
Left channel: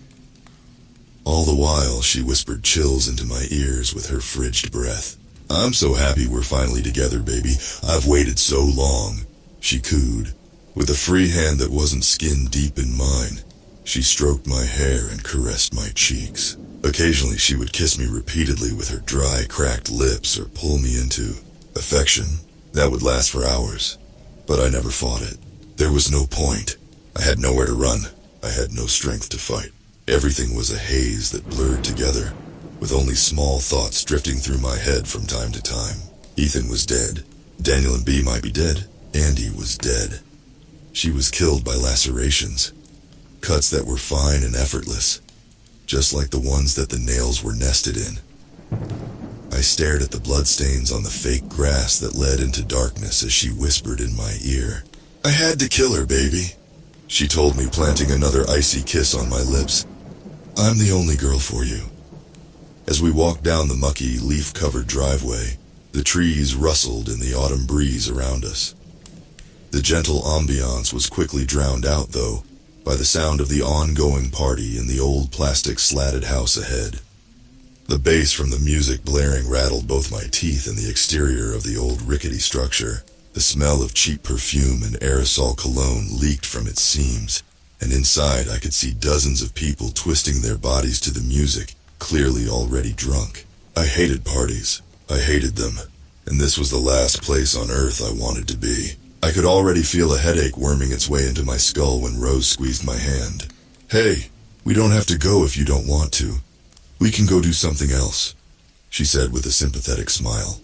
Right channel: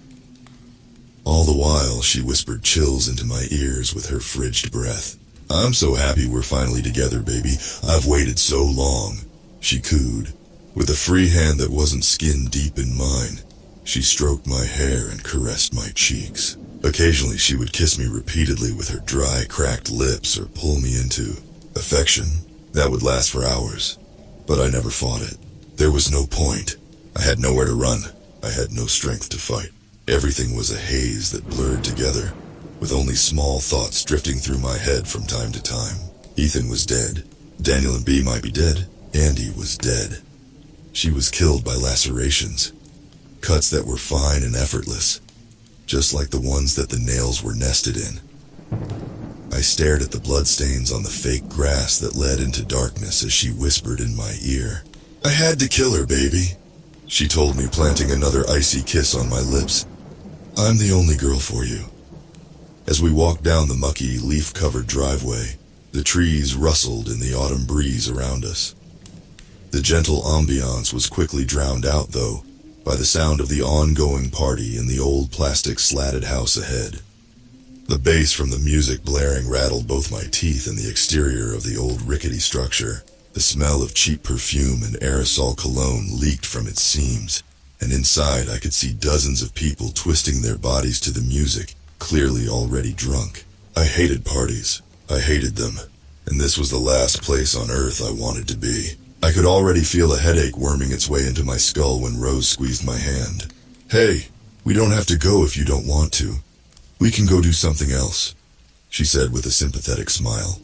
All the while, she whispered chills into my ears with her frigid breath. I'm so happy we're finally together, baby. I've waited so long, she cooed. With a free hand that wasn't skin deep in mine, she stroked my hair and caressed my cheeks. Occasionally, she would kiss me repeatedly with her dry, cracked lips or pull me into affection that would last for hours. But I never fought it. There was no point. I had nowhere to run. I had no strength to fight. Everything was a haze that blurred together, with only small thoughts drifting through my head from time to time. Ethan was dead. Daniel and B might be dead. Andy was dead. She was killed by lacerations, cuts that were fine and effortless, just like the ones that the nails were nested in. I stared at the bloodstains on the fake grass that led into darkness as she whispered in my ear. I had to kill her, baby. she told me, planting another icy kiss on my lips. I'm the only girl for you. As we walked down the mucky, leaf-covered driveway, the trees rustled in the autumn breeze around us. The gentle ambiance was quickly drowned out, though, by the sound of the ongoing party in the old plastic slatted house ahead. The bass from the music blaring rattled both my teeth and the exterior of the old rickety structure. The smell of cheap perfume and aerosol cologne leaked from its seams, and inside I could see dozens of people twisting their bodies to the music, clearly already drunk. I hated parties. I hated them, and this was the last place on earth I wanted to be. I could already feel a headache worming its way into my skull when Rose squeezed my hand. Hey, we don't have to go if you don't want to. We can go do something else, she said with a sympathetic smile.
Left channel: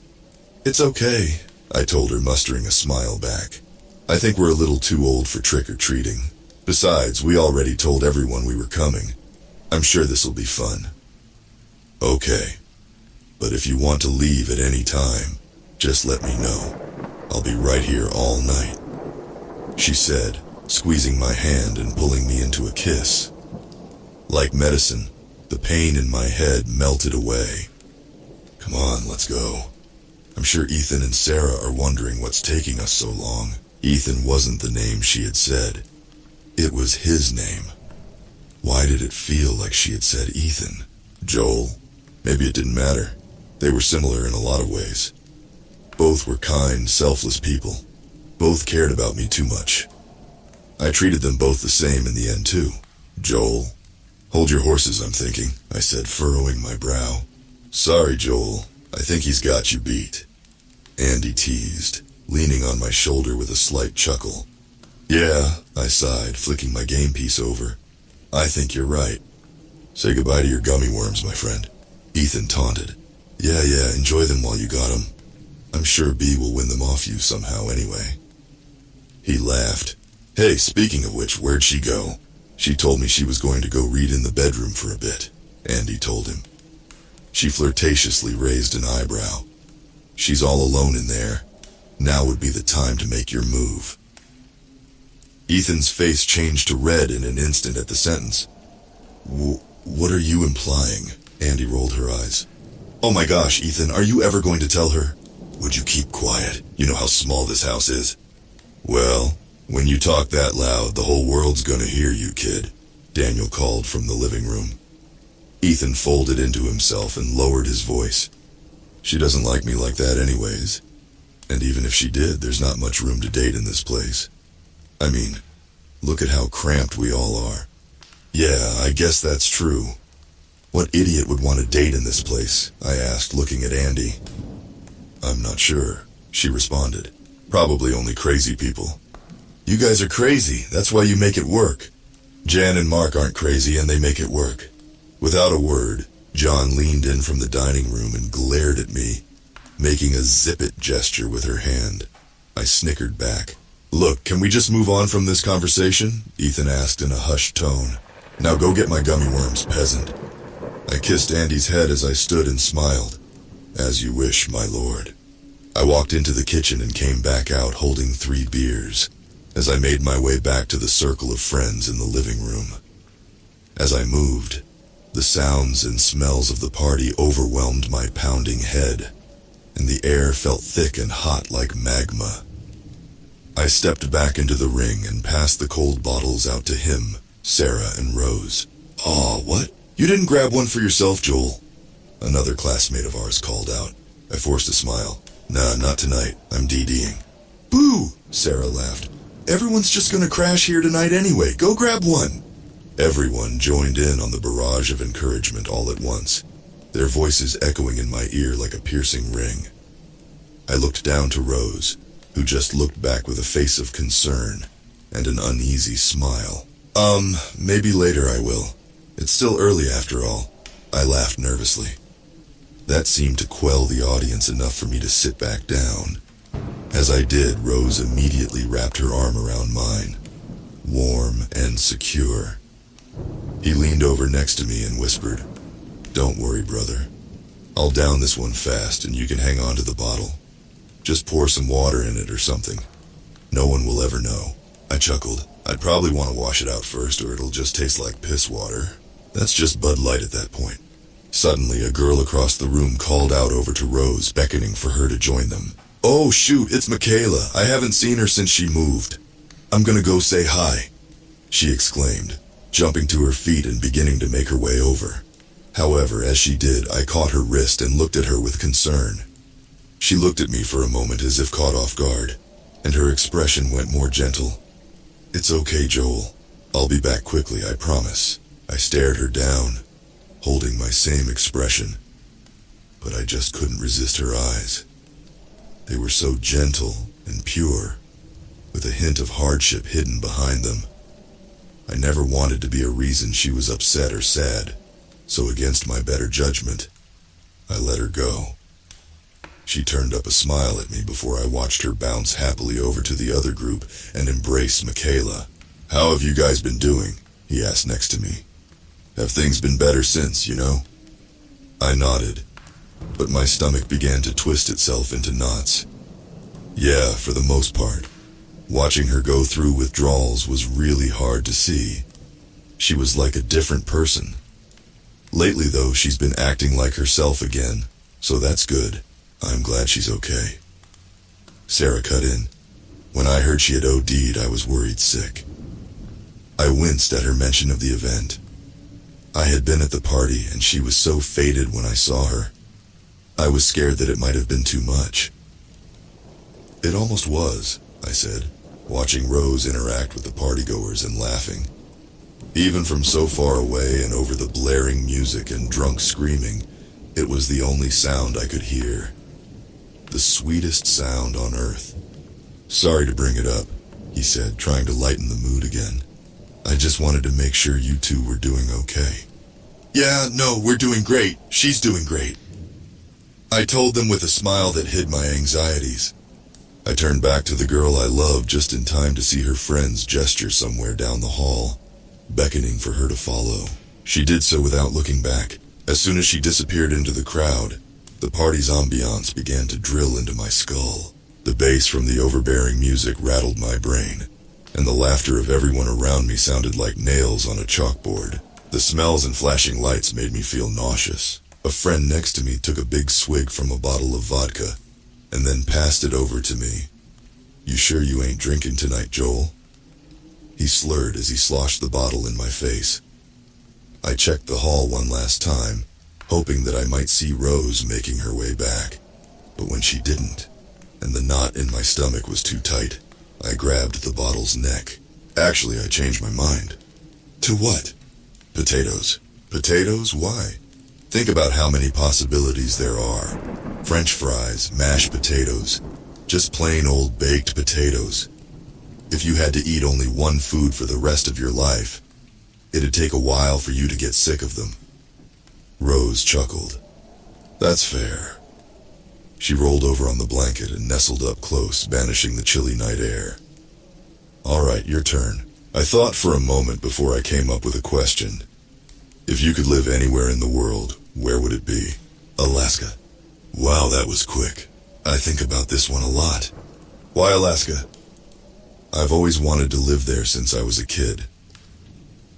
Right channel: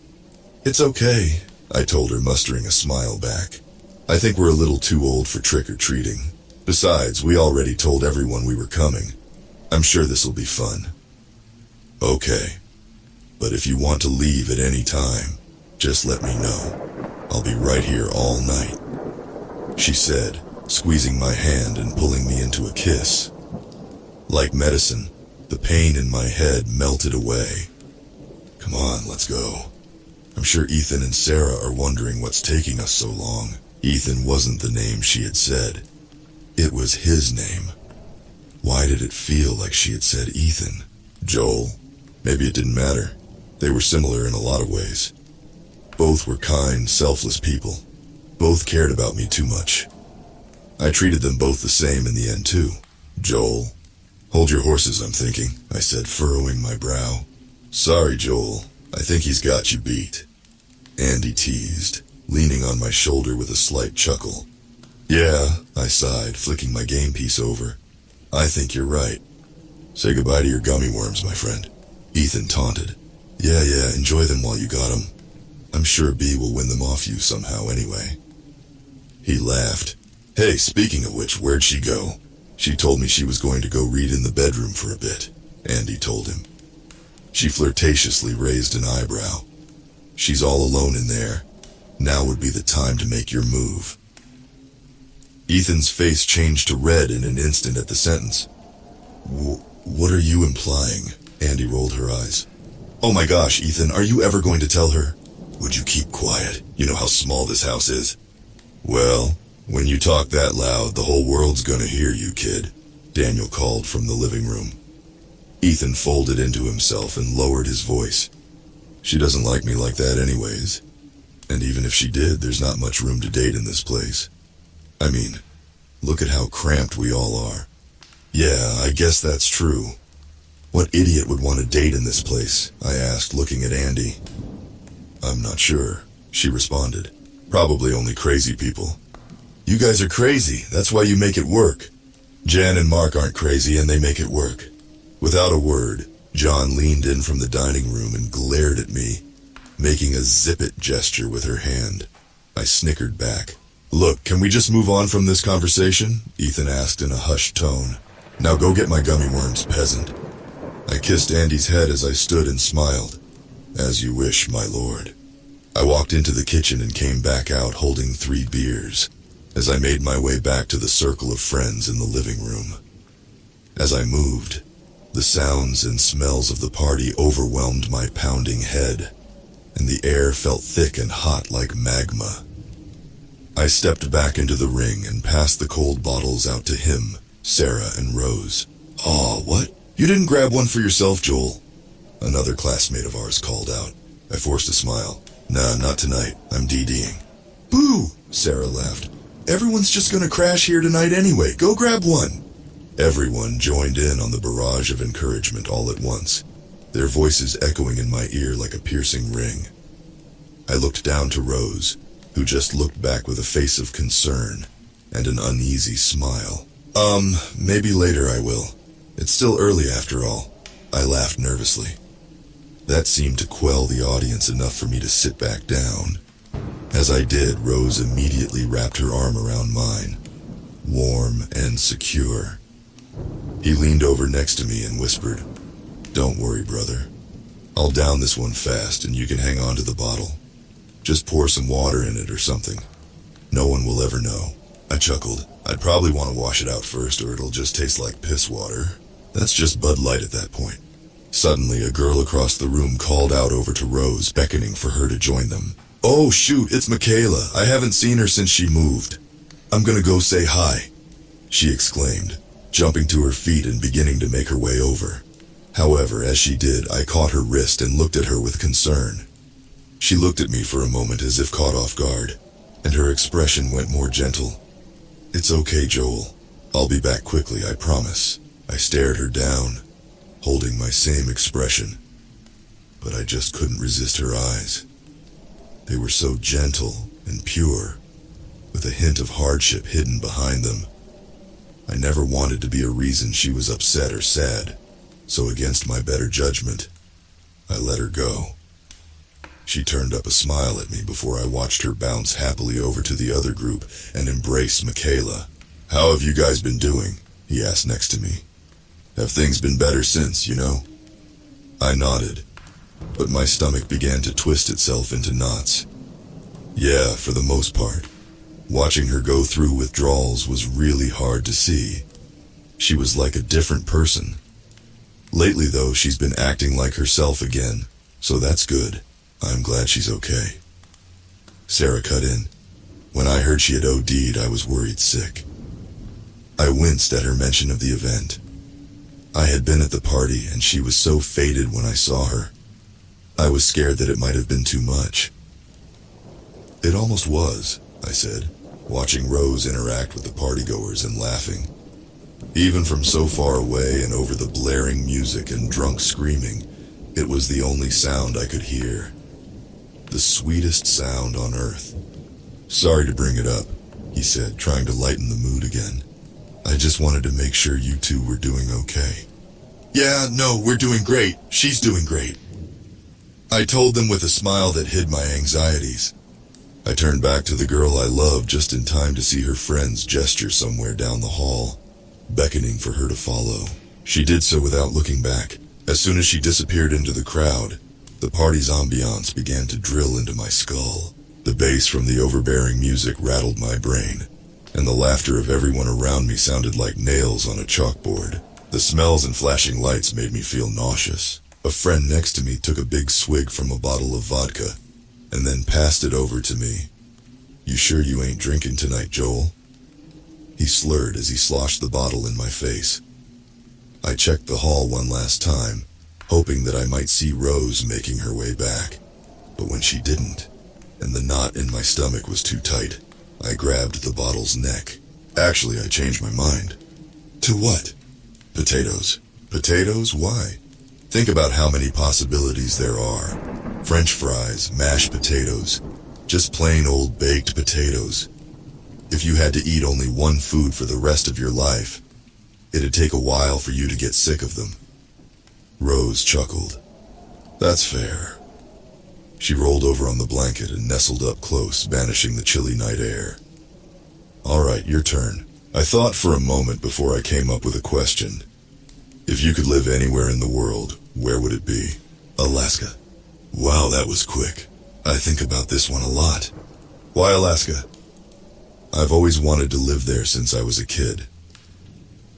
It's okay, I told her, mustering a smile back. I think we're a little too old for trick-or-treating. Besides, we already told everyone we were coming. I'm sure this'll be fun. Okay, but if you want to leave at any time, just let me know. I'll be right here all night, she said, squeezing my hand and pulling me into a kiss. Like medicine, the pain in my head melted away. Come on, let's go. I'm sure Ethan and Sarah are wondering what's taking us so long. Ethan wasn't the name she had said. It was his name. Why did it feel like she had said Ethan? Joel? Maybe it didn't matter. They were similar in a lot of ways. Both were kind, selfless people. Both cared about me too much. I treated them both the same in the end, too. Joel? Hold your horses, I'm thinking, I said, furrowing my brow. Sorry, Joel. I think he's got you beat. Andy teased, leaning on my shoulder with a slight chuckle. Yeah, I sighed, flicking my game piece over. I think you're right. Say goodbye to your gummy worms, my friend. Ethan taunted. Yeah, enjoy them while you got 'em. I'm sure B will win them off you somehow anyway. He laughed. Hey, speaking of which, where'd she go? She told me she was going to go read in the bedroom for a bit, Andy told him. She flirtatiously raised an eyebrow. She's all alone in there. Now would be the time to make your move. Ethan's face changed to red in an instant at the sentence. What are you implying? Andy rolled her eyes. Oh my gosh, Ethan, are you ever going to tell her? Would you keep quiet? You know how small this house is. Well, when you talk that loud, the whole world's gonna hear you, kid, Daniel called from the living room. Ethan folded into himself and lowered his voice. She doesn't like me like that anyways. And even if she did, there's not much room to date in this place. I mean, look at how cramped we all are. Yeah, I guess that's true. What idiot would want to date in this place? I asked, looking at Andy. I'm not sure, she responded. Probably only crazy people. You guys are crazy, that's why you make it work. Jan and Mark aren't crazy and they make it work. Without a word, John leaned in from the dining room and glared at me, making a zip-it gesture with her hand. I snickered back. Look, can we just move on from this conversation? Ethan asked in a hushed tone. Now go get my gummy worms, peasant. I kissed Andy's head as I stood and smiled. As you wish, my lord. I walked into the kitchen and came back out holding 3 beers, as I made my way back to the circle of friends in the living room. As I moved, the sounds and smells of the party overwhelmed my pounding head, and the air felt thick and hot like magma. I stepped back into the ring and passed the cold bottles out to him, Sarah, and Rose. Aw, what? You didn't grab one for yourself, Joel? Another classmate of ours called out. I forced a smile. Nah, not tonight. I'm DDing. Boo! Sarah laughed. Everyone's just gonna crash here tonight anyway. Go grab one. Everyone joined in on the barrage of encouragement all at once, their voices echoing in my ear like a piercing ring. I looked down to Rose, who just looked back with a face of concern and an uneasy smile. Maybe later I will. It's still early after all. I laughed nervously. That seemed to quell the audience enough for me to sit back down. As I did, Rose immediately wrapped her arm around mine, warm and secure. He leaned over next to me and whispered, Don't worry, brother. I'll down this one fast and you can hang on to the bottle. Just pour some water in it or something. No one will ever know. I chuckled. I'd probably want to wash it out first or it'll just taste like piss water. That's just Bud Light at that point. Suddenly, a girl across the room called out over to Rose, beckoning for her to join them. "Oh shoot, it's Michaela. I haven't seen her since she moved. I'm gonna go say hi," she exclaimed, jumping to her feet and beginning to make her way over. However, as she did, I caught her wrist and looked at her with concern. She looked at me for a moment as if caught off guard, and her expression went more gentle. "It's okay, Joel. I'll be back quickly, I promise." I stared her down, holding my same expression, but I just couldn't resist her eyes. They were so gentle and pure, with a hint of hardship hidden behind them. I never wanted to be a reason she was upset or sad, so against my better judgment, I let her go. She turned up a smile at me before I watched her bounce happily over to the other group and embrace Michaela. "How have you guys been doing?" he asked next to me. "Have things been better since, you know?" I nodded, but my stomach began to twist itself into knots. Yeah, for the most part. Watching her go through withdrawals was really hard to see. She was like a different person. Lately, though, she's been acting like herself again, so that's good. I'm glad she's okay. Sarah cut in. When I heard she had OD'd, I was worried sick. I winced at her mention of the event. I had been at the party, and she was so faded when I saw her. I was scared that it might have been too much. "It almost was," I said, watching Rose interact with the partygoers and laughing. Even from so far away and over the blaring music and drunk screaming, it was the only sound I could hear. The sweetest sound on earth. "Sorry to bring it up," he said, trying to lighten the mood again. "I just wanted to make sure you two were doing okay." "Yeah, no, we're doing great. She's doing great," I told them with a smile that hid my anxieties. I turned back to the girl I loved just in time to see her friends gesture somewhere down the hall, beckoning for her to follow. She did so without looking back. As soon as she disappeared into the crowd, the party's ambiance began to drill into my skull. The bass from the overbearing music rattled my brain, and the laughter of everyone around me sounded like nails on a chalkboard. The smells and flashing lights made me feel nauseous. A friend next to me took a big swig from a bottle of vodka, and then passed it over to me. "You sure you ain't drinking tonight, Joel?" He slurred as he sloshed the bottle in my face. I checked the hall one last time, hoping that I might see Rose making her way back. But when she didn't, and the knot in my stomach was too tight, I grabbed the bottle's neck. Actually, I changed my mind. To what? Potatoes. Potatoes? Why? Think about how many possibilities there are. French fries, mashed potatoes, just plain old baked potatoes. If you had to eat only one food for the rest of your life, it'd take a while for you to get sick of them. Rose chuckled. "That's fair." She rolled over on the blanket and nestled up close, banishing the chilly night air. "All right, your turn." I thought for a moment before I came up with a question. If you could live anywhere in the world, where would it be? Alaska. Wow, that was quick. I think about this one a lot. Why Alaska? I've always wanted to live there since I was a kid.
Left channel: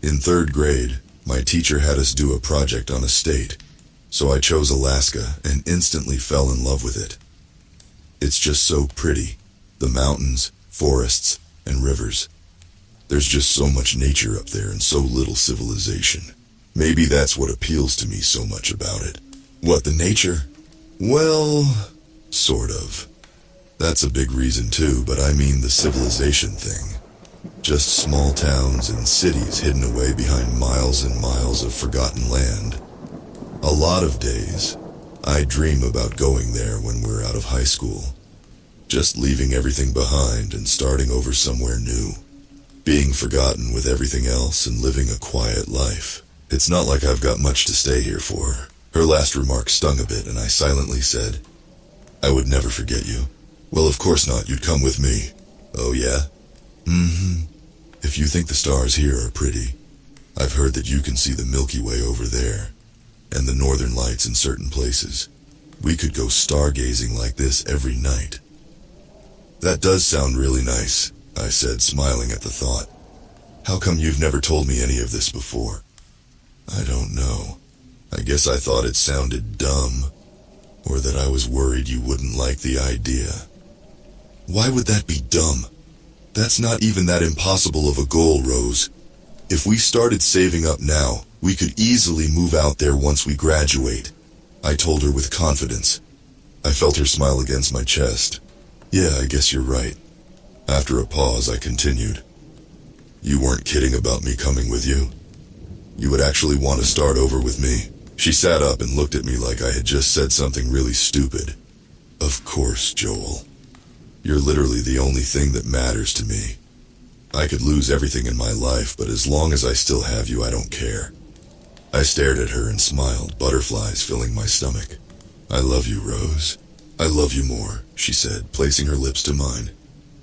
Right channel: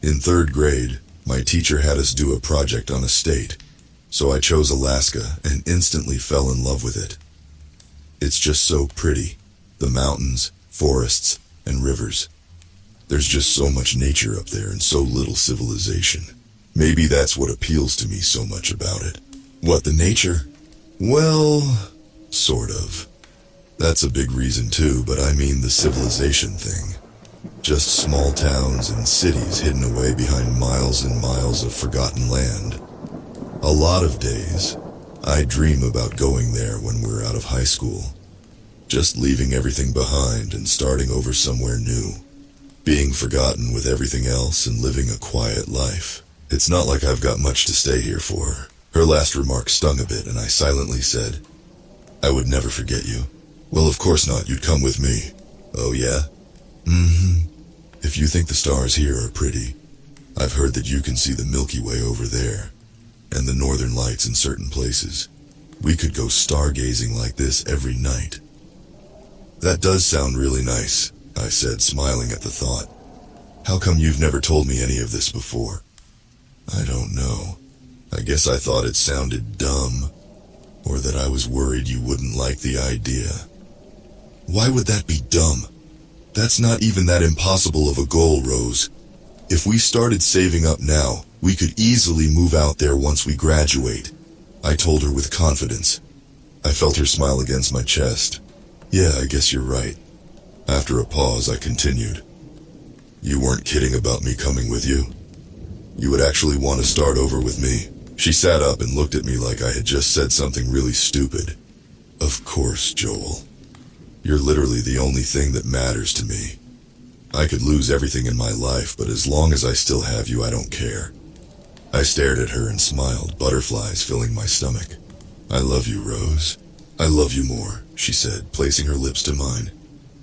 In 3rd grade, my teacher had us do a project on a state, so I chose Alaska and instantly fell in love with it. It's just so pretty. The mountains, forests, and rivers. There's just so much nature up there and so little civilization. Maybe that's what appeals to me so much about it. What, the nature? Well, sort of. That's a big reason too, but I mean the civilization thing. Just small towns and cities hidden away behind miles and miles of forgotten land. A lot of days, I dream about going there when we're out of high school. Just leaving everything behind and starting over somewhere new. Being forgotten with everything else and living a quiet life. It's not like I've got much to stay here for. Her last remark stung a bit, and I silently said, "I would never forget you." "Well, of course not. You'd come with me." "Oh, yeah?" "Mm-hmm. If you think the stars here are pretty, I've heard that you can see the Milky Way over there, and the northern lights in certain places. We could go stargazing like this every night." "That does sound really nice," I said, smiling at the thought. How come you've never told me any of this before? I don't know. I guess I thought it sounded dumb, or that I was worried you wouldn't like the idea. Why would that be dumb? That's not even that impossible of a goal, Rose. If we started saving up now, we could easily move out there once we graduate, I told her with confidence. I felt her smile against my chest. Yeah, I guess you're right. After a pause, I continued. You weren't kidding about me coming with you? You would actually want to start over with me? She sat up and looked at me like I had just said something really stupid. Of course, Joel. You're literally the only thing that matters to me. I could lose everything in my life, but as long as I still have you, I don't care. I stared at her and smiled, butterflies filling my stomach. I love you, Rose. I love you more, she said, placing her lips to mine.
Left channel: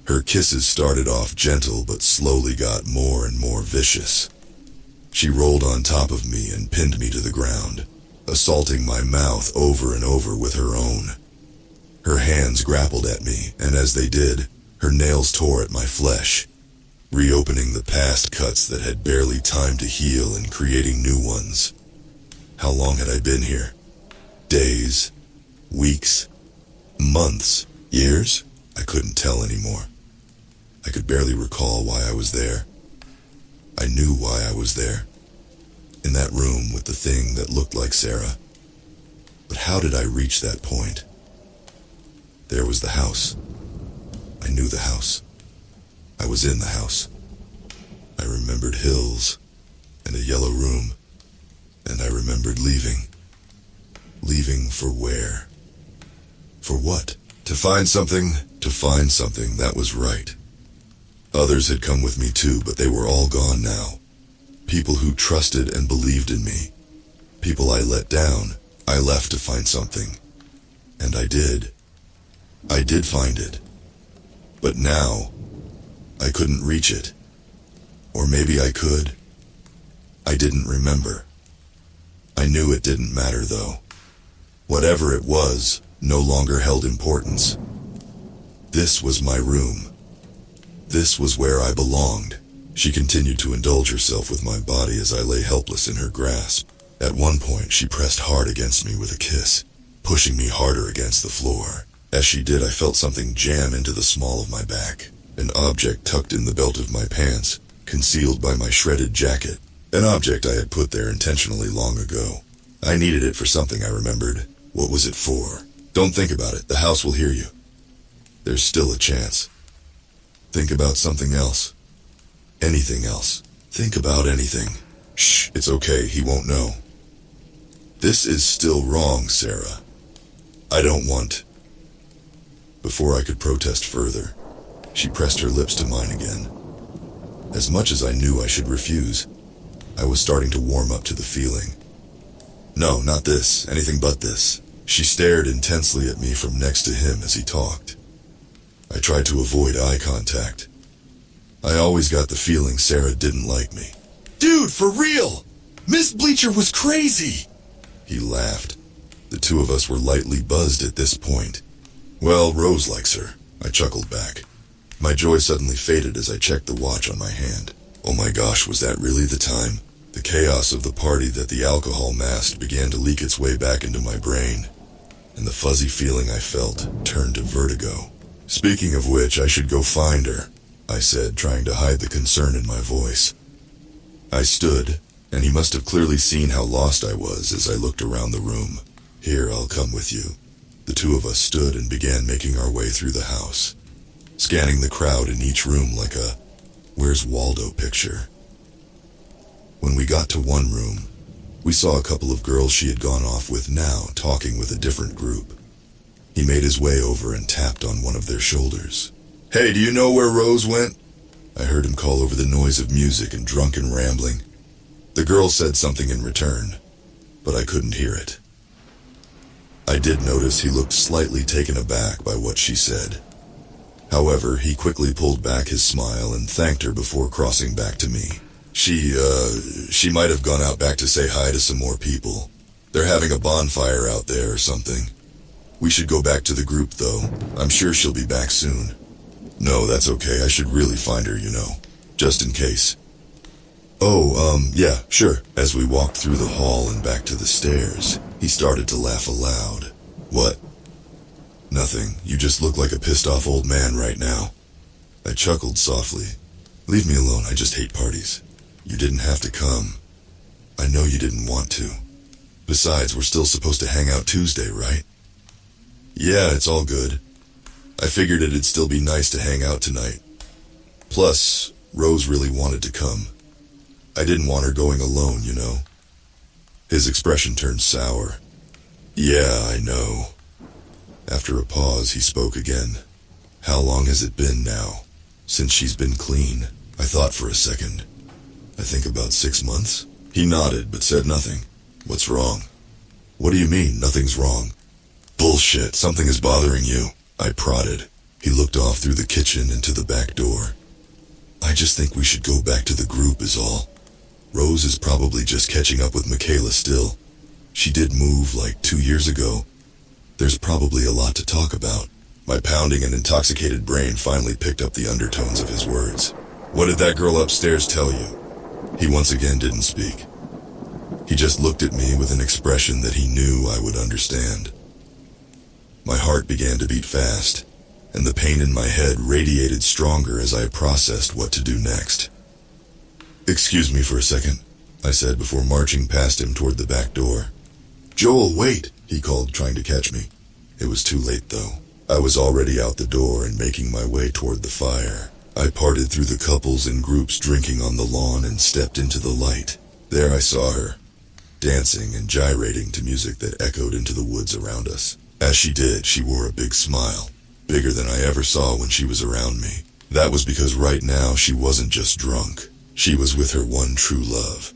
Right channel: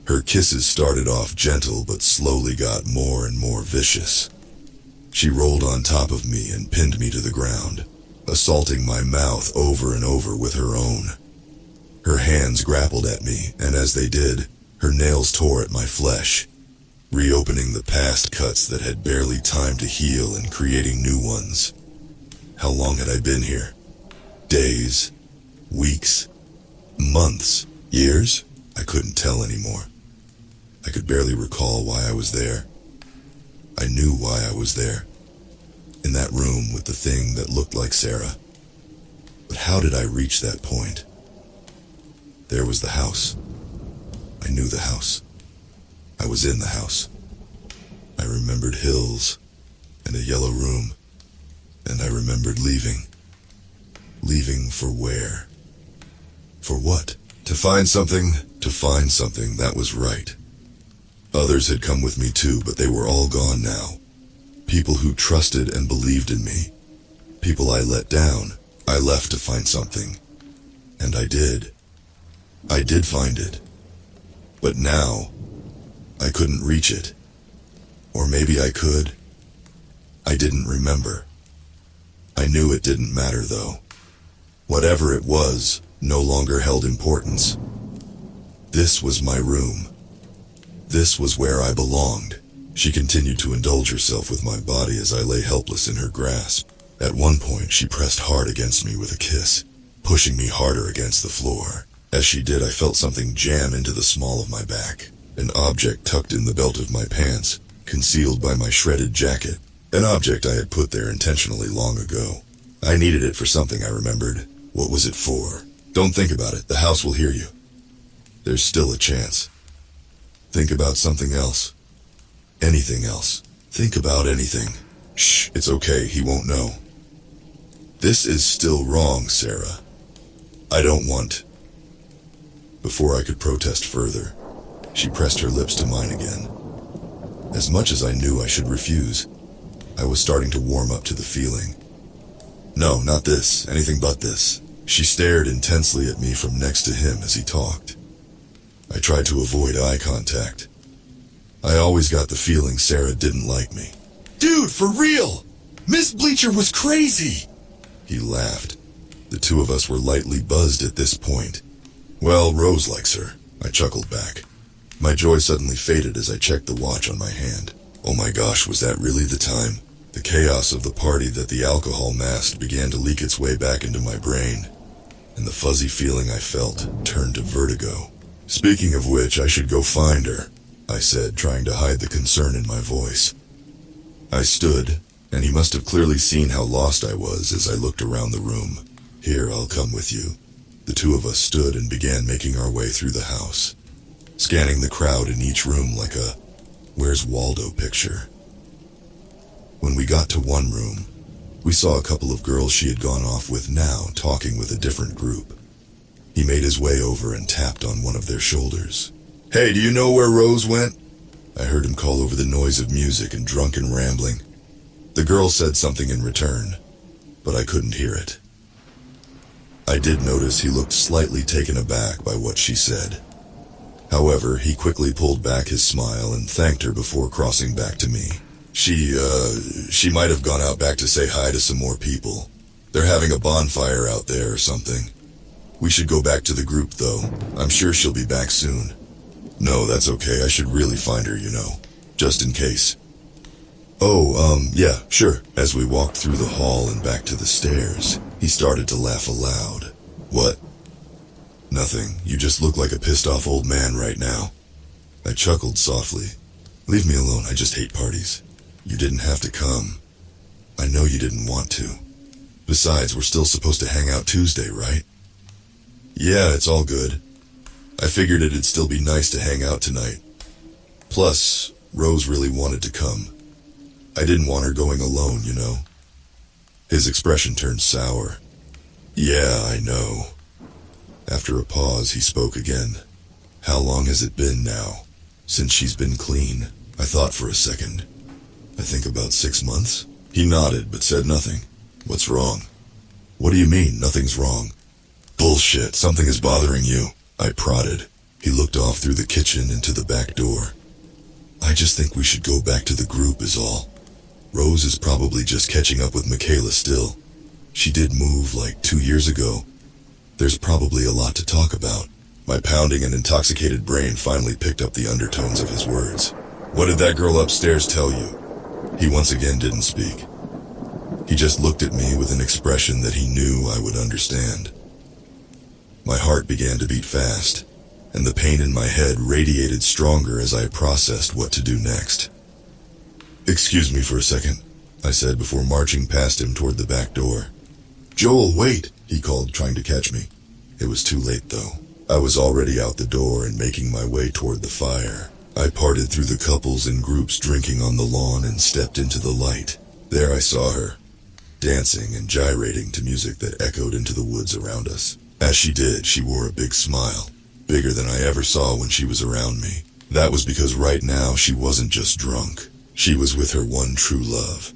Her kisses started off gentle, but slowly got more and more vicious. She rolled on top of me and pinned me to the ground, assaulting my mouth over and over with her own. Her hands grappled at me, and as they did, her nails tore at my flesh, reopening the past cuts that had barely time to heal and creating new ones. How long had I been here? Days? Weeks? Months? Years? I couldn't tell anymore. I could barely recall why I was there. I knew why I was there. In that room with the thing that looked like Sarah. But how did I reach that point? There was the house. I knew the house. I was in the house. I remembered hills and a yellow room, and I remembered leaving. Leaving for where? For what? To find something that was right. Others had come with me too, but they were all gone now. People who trusted and believed in me. People I let down. I left to find something. And I did. I did find it. But now, I couldn't reach it. Or maybe I could. I didn't remember. I knew it didn't matter though. Whatever it was, no longer held importance. This was my room. This was where I belonged. She continued to indulge herself with my body as I lay helpless in her grasp. At one point, she pressed hard against me with a kiss, pushing me harder against the floor. As she did, I felt something jam into the small of my back. An object tucked in the belt of my pants, concealed by my shredded jacket. An object I had put there intentionally long ago. I needed it for something, I remembered. What was it for? Don't think about it. The house will hear you. There's still a chance. Think about something else. Anything else. Think about anything. Shh, it's okay, he won't know. This is still wrong, Sarah. I don't want. Before I could protest further, she pressed her lips to mine again. As much as I knew I should refuse, I was starting to warm up to the feeling. No, not this, anything but this. She stared intensely at me from next to him as he talked. I tried to avoid eye contact. I always got the feeling Sarah didn't like me. Dude, for real! Miss Bleacher was crazy! He laughed. The two of us were lightly buzzed at this point. Well, Rose likes her, I chuckled back. My joy suddenly faded as I checked the watch on my hand. Oh my gosh, was that really the time? The chaos of the party that the alcohol masked began to leak its way back into my brain, and the fuzzy feeling I felt turned to vertigo. Speaking of which, I should go find her, I said, trying to hide the concern in my voice. I stood, and he must have clearly seen how lost I was as I looked around the room. Here, I'll come with you. The two of us stood and began making our way through the house, scanning the crowd in each room like a Where's Waldo picture. When we got to one room, we saw a couple of girls she had gone off with now talking with a different group. He made his way over and tapped on one of their shoulders. Hey, do you know where Rose went? I heard him call over the noise of music and drunken rambling. The girl said something in return, but I couldn't hear it. I did notice he looked slightly taken aback by what she said. However, he quickly pulled back his smile and thanked her before crossing back to me. She might have gone out back to say hi to some more people. They're having a bonfire out there or something. We should go back to the group, though. I'm sure she'll be back soon. No, that's okay. I should really find her, just in case. Oh, yeah, sure. As we walked through the hall and back to the stairs, he started to laugh aloud. What? Nothing. You just look like a pissed off old man right now. I chuckled softly. Leave me alone. I just hate parties. You didn't have to come. I know you didn't want to. Besides, we're still supposed to hang out Tuesday, right? Yeah, it's all good. I figured it'd still be nice to hang out tonight. Plus, Rose really wanted to come. I didn't want her going alone, His expression turned sour. Yeah, I know. After a pause, he spoke again. How long has it been now? Since she's been clean? I thought for a second. I think about 6 months. He nodded, but said nothing. What's wrong? What do you mean, nothing's wrong? Bullshit, something is bothering you. I prodded. He looked off through the kitchen into the back door. I just think we should go back to the group is all. Rose is probably just catching up with Michaela still. She did move like 2 years ago. There's probably a lot to talk about. My pounding and intoxicated brain finally picked up the undertones of his words. What did that girl upstairs tell you? He once again didn't speak. He just looked at me with an expression that he knew I would understand. My heart began to beat fast, and the pain in my head radiated stronger as I processed what to do next. Excuse me for a second, I said before marching past him toward the back door. Joel, wait, he called, trying to catch me. It was too late, though. I was already out the door and making my way toward the fire. I parted through the couples and groups drinking on the lawn and stepped into the light. There I saw her, dancing and gyrating to music that echoed into the woods around us. As she did, she wore a big smile, bigger than I ever saw when she was around me. That was because right now she wasn't just drunk. She was with her one true love.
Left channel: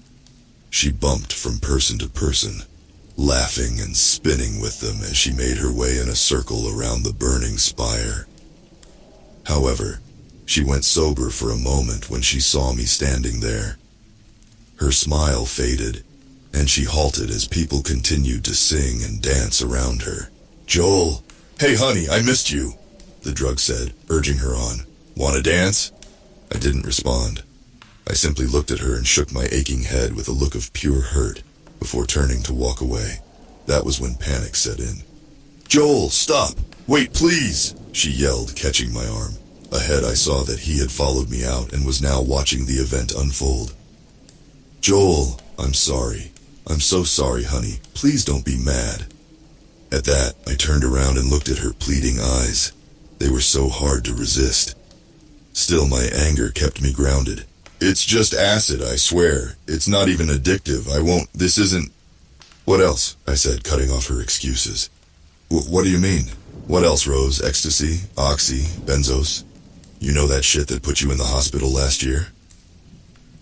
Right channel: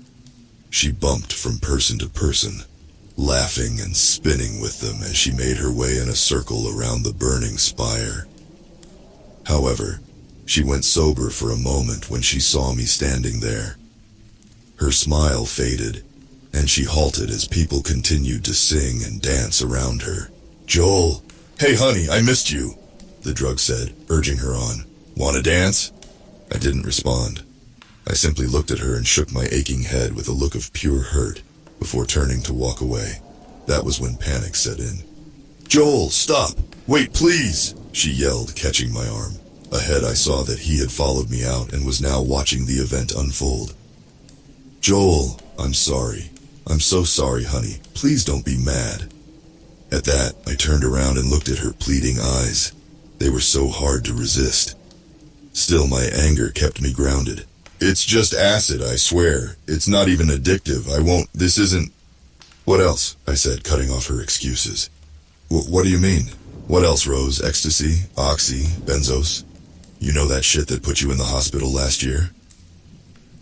She bumped from person to person, laughing and spinning with them as she made her way in a circle around the burning spire. However, she went sober for a moment when she saw me standing there. Her smile faded, and she halted as people continued to sing and dance around her. Joel! Hey honey, I missed you, the drug said, urging her on. Wanna dance? I didn't respond. I simply looked at her and shook my aching head with a look of pure hurt before turning to walk away. That was when panic set in. Joel, stop! Wait, please! She yelled, catching my arm. Ahead I saw that he had followed me out and was now watching the event unfold. Joel, I'm sorry. I'm so sorry, honey. Please don't be mad. At that, I turned around and looked at her pleading eyes. They were so hard to resist. Still, my anger kept me grounded. It's just acid, I swear. It's not even addictive. This isn't... What else? I said, cutting off her excuses. What do you mean? What else, Rose? Ecstasy? Oxy? Benzos? You know that shit that put you in the hospital last year?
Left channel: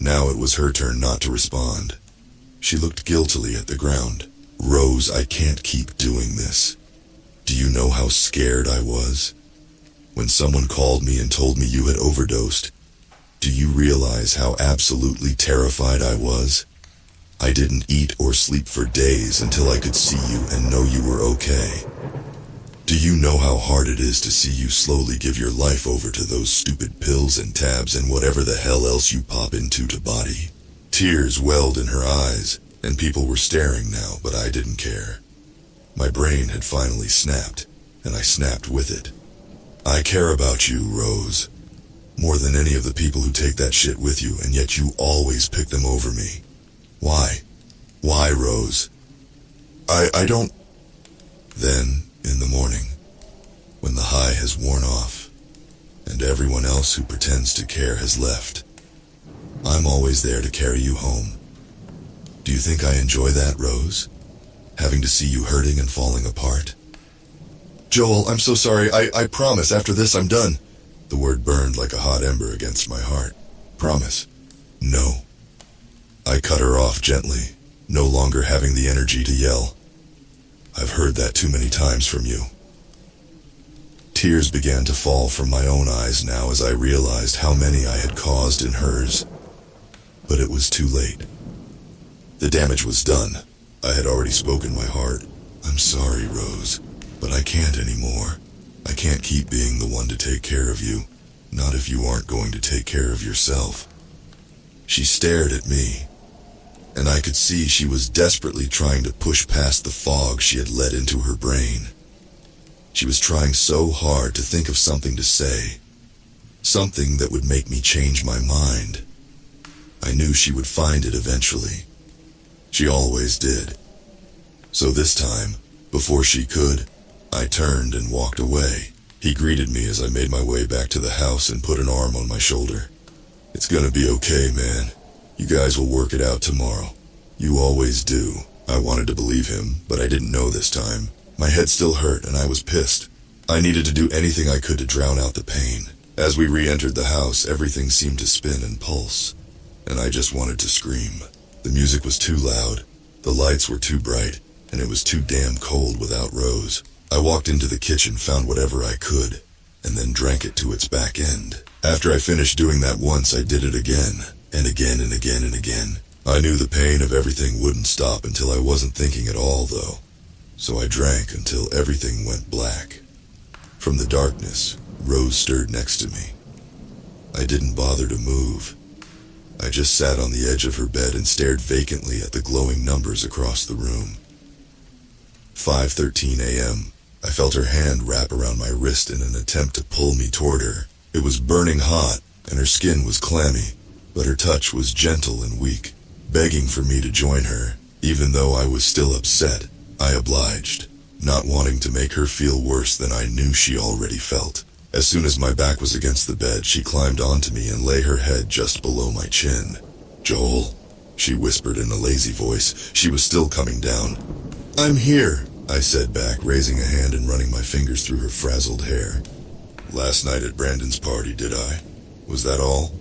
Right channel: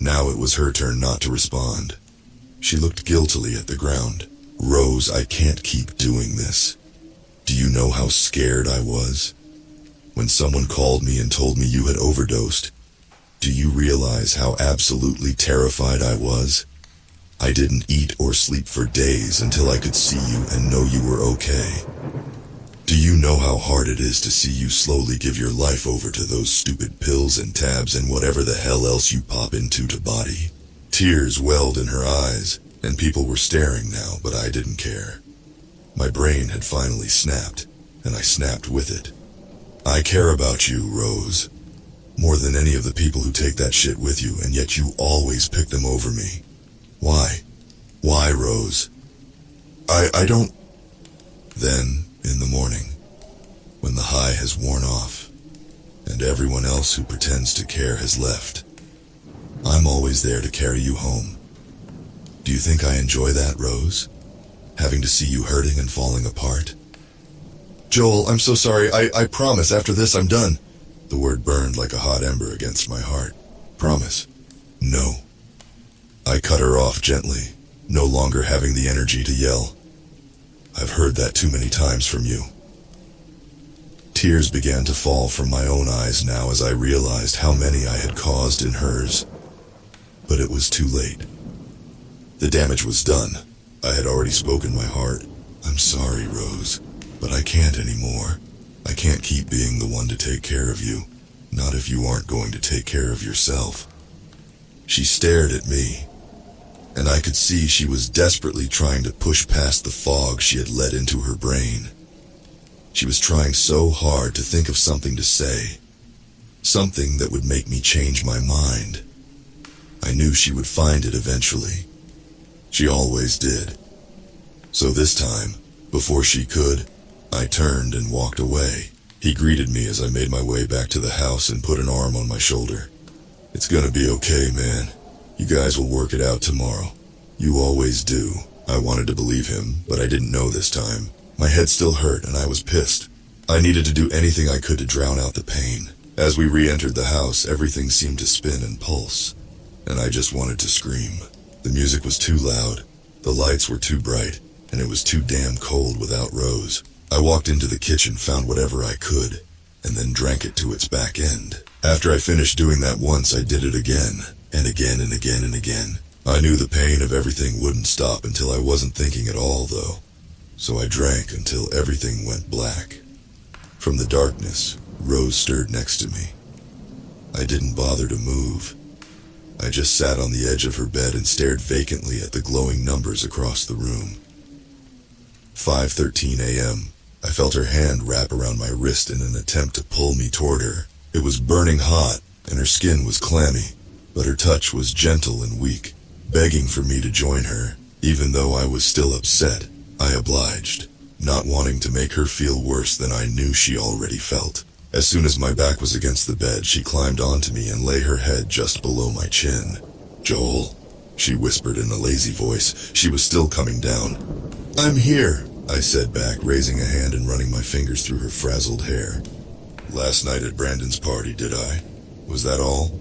Now it was her turn not to respond. She looked guiltily at the ground. Rose, I can't keep doing this. Do you know how scared I was? When someone called me and told me you had overdosed, do you realize how absolutely terrified I was? I didn't eat or sleep for days until I could see you and know you were okay. Do you know how hard it is to see you slowly give your life over to those stupid pills and tabs and whatever the hell else you pop into to body? Tears welled in her eyes, and people were staring now, but I didn't care. My brain had finally snapped, and I snapped with it. I care about you, Rose. More than any of the people who take that shit with you, and yet you always pick them over me. Why? Why, Rose? I don't... Then, in the morning, when the high has worn off, and everyone else who pretends to care has left, I'm always there to carry you home. Do you think I enjoy that, Rose? Having to see you hurting and falling apart? Joel, I'm so sorry. I promise after this I'm done. The word burned like a hot ember against my heart. Promise. No. I cut her off gently, no longer having the energy to yell. I've heard that too many times from you. Tears began to fall from my own eyes now as I realized how many I had caused in hers. But it was too late. The damage was done. I had already spoken my heart. I'm sorry, Rose, but I can't anymore. I can't keep being the one to take care of you. Not if you aren't going to take care of yourself." She stared at me, and I could see she was desperately trying to push past the fog she had let into her brain. She was trying so hard to think of something to say, something that would make me change my mind. I knew she would find it eventually. She always did. So this time, before she could, I turned and walked away. He greeted me as I made my way back to the house and put an arm on my shoulder. "It's gonna be okay, man. You guys will work it out tomorrow. You always do." I wanted to believe him, but I didn't know this time. My head still hurt and I was pissed. I needed to do anything I could to drown out the pain. As we re-entered the house, everything seemed to spin and pulse, and I just wanted to scream. The music was too loud, the lights were too bright, and it was too damn cold without Rose. I walked into the kitchen, found whatever I could, and then drank it to its back end. After I finished doing that once, I did it again, and again and again and again. I knew the pain of everything wouldn't stop until I wasn't thinking at all, though. So I drank until everything went black. From the darkness, Rose stirred next to me. I didn't bother to move. I just sat on the edge of her bed and stared vacantly at the glowing numbers across the room. 5:13 a.m. I felt her hand wrap around my wrist in an attempt to pull me toward her. It was burning hot, and her skin was clammy, but her touch was gentle and weak, begging for me to join her. Even though I was still upset, I obliged, not wanting to make her feel worse than I knew she already felt. As soon as my back was against the bed, she climbed onto me and lay her head just below my chin. "Joel," she whispered in a lazy voice. She was still coming down. "I'm here," I said back, raising a hand and running my fingers through her frazzled hair. "Last night at Brandon's party, did I? Was that all?"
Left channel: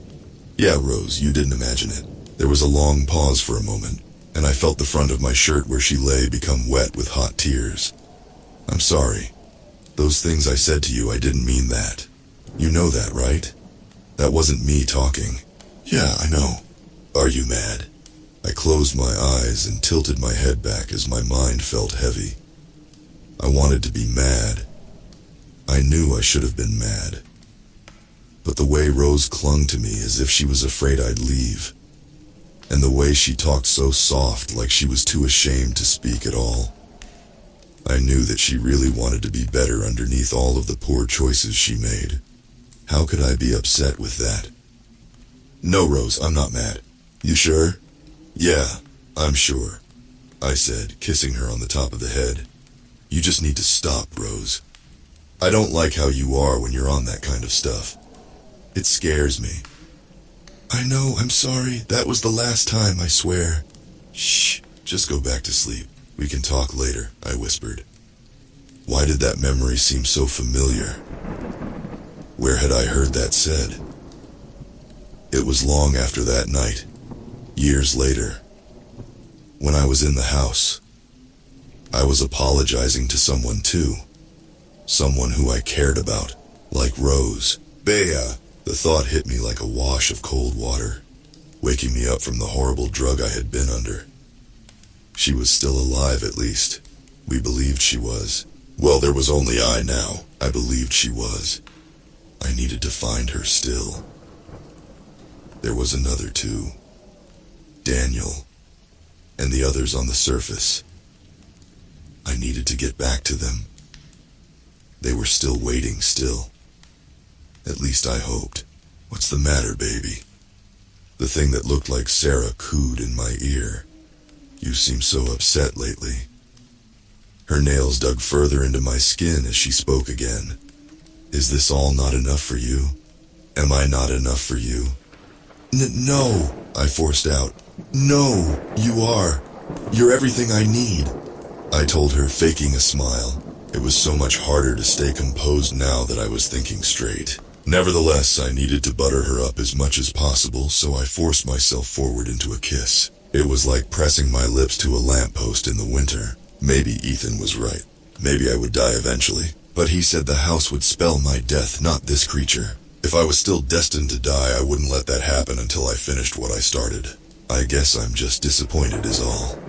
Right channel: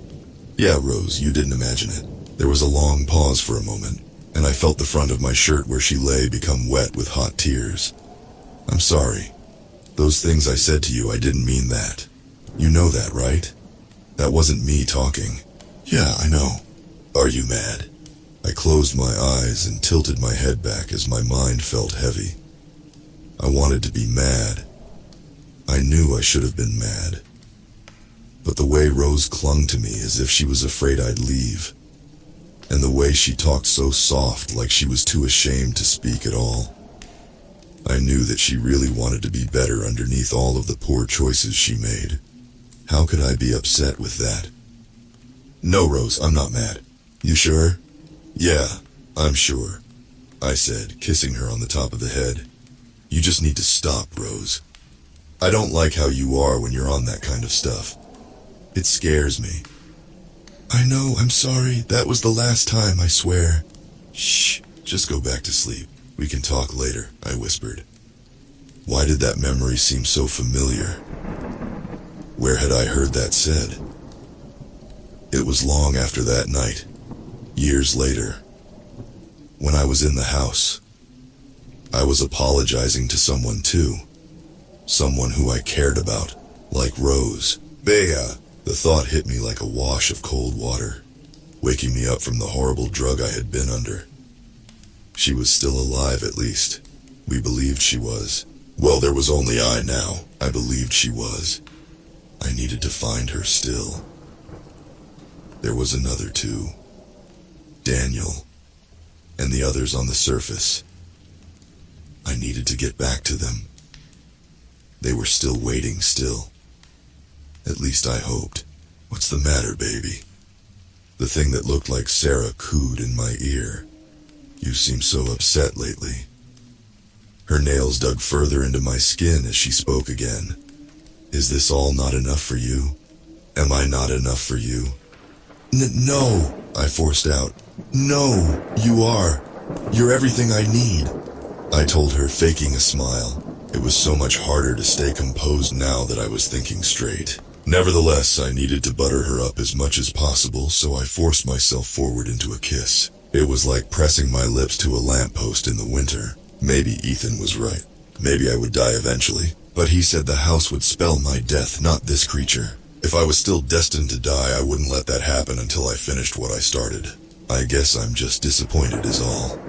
"Yeah, Rose, you didn't imagine it." There was a long pause for a moment, and I felt the front of my shirt where she lay become wet with hot tears. "I'm sorry. Those things I said to you, I didn't mean that. You know that, right? That wasn't me talking." "Yeah, I know." "Are you mad?" I closed my eyes and tilted my head back as my mind felt heavy. I wanted to be mad. I knew I should have been mad. But the way Rose clung to me as if she was afraid I'd leave, and the way she talked so soft like she was too ashamed to speak at all, I knew that she really wanted to be better underneath all of the poor choices she made. How could I be upset with that? "No, Rose, I'm not mad." "You sure?" "Yeah, I'm sure," I said, kissing her on the top of the head. "You just need to stop, Rose. I don't like how you are when you're on that kind of stuff. It scares me." "I know, I'm sorry. That was the last time, I swear." "Shh, just go back to sleep. We can talk later," I whispered. Why did that memory seem so familiar? Where had I heard that said? It was long after that night, years later, when I was in the house. I was apologizing to someone too. Someone who I cared about, like Rose. Bea, the thought hit me like a wash of cold water, waking me up from the horrible drug I had been under. She was still alive, at least. We believed she was. Well, there was only I now. I believed she was. I needed to find her still. There was another too. Daniel, and the others on the surface. I needed to get back to them. They were still waiting still. At least I hoped. "What's the matter, baby?" The thing that looked like Sarah cooed in my ear. "You seem so upset lately." Her nails dug further into my skin as she spoke again. "Is this all not enough for you? Am I not enough for you?" No, I forced out. "No, you are. You're everything I need," I told her, faking a smile. It was so much harder to stay composed now that I was thinking straight. Nevertheless, I needed to butter her up as much as possible, so I forced myself forward into a kiss. It was like pressing my lips to a lamppost in the winter. Maybe Ethan was right. Maybe I would die eventually. But he said the house would spell my death, not this creature. If I was still destined to die, I wouldn't let that happen until I finished what I started. I guess I'm just disappointed is all.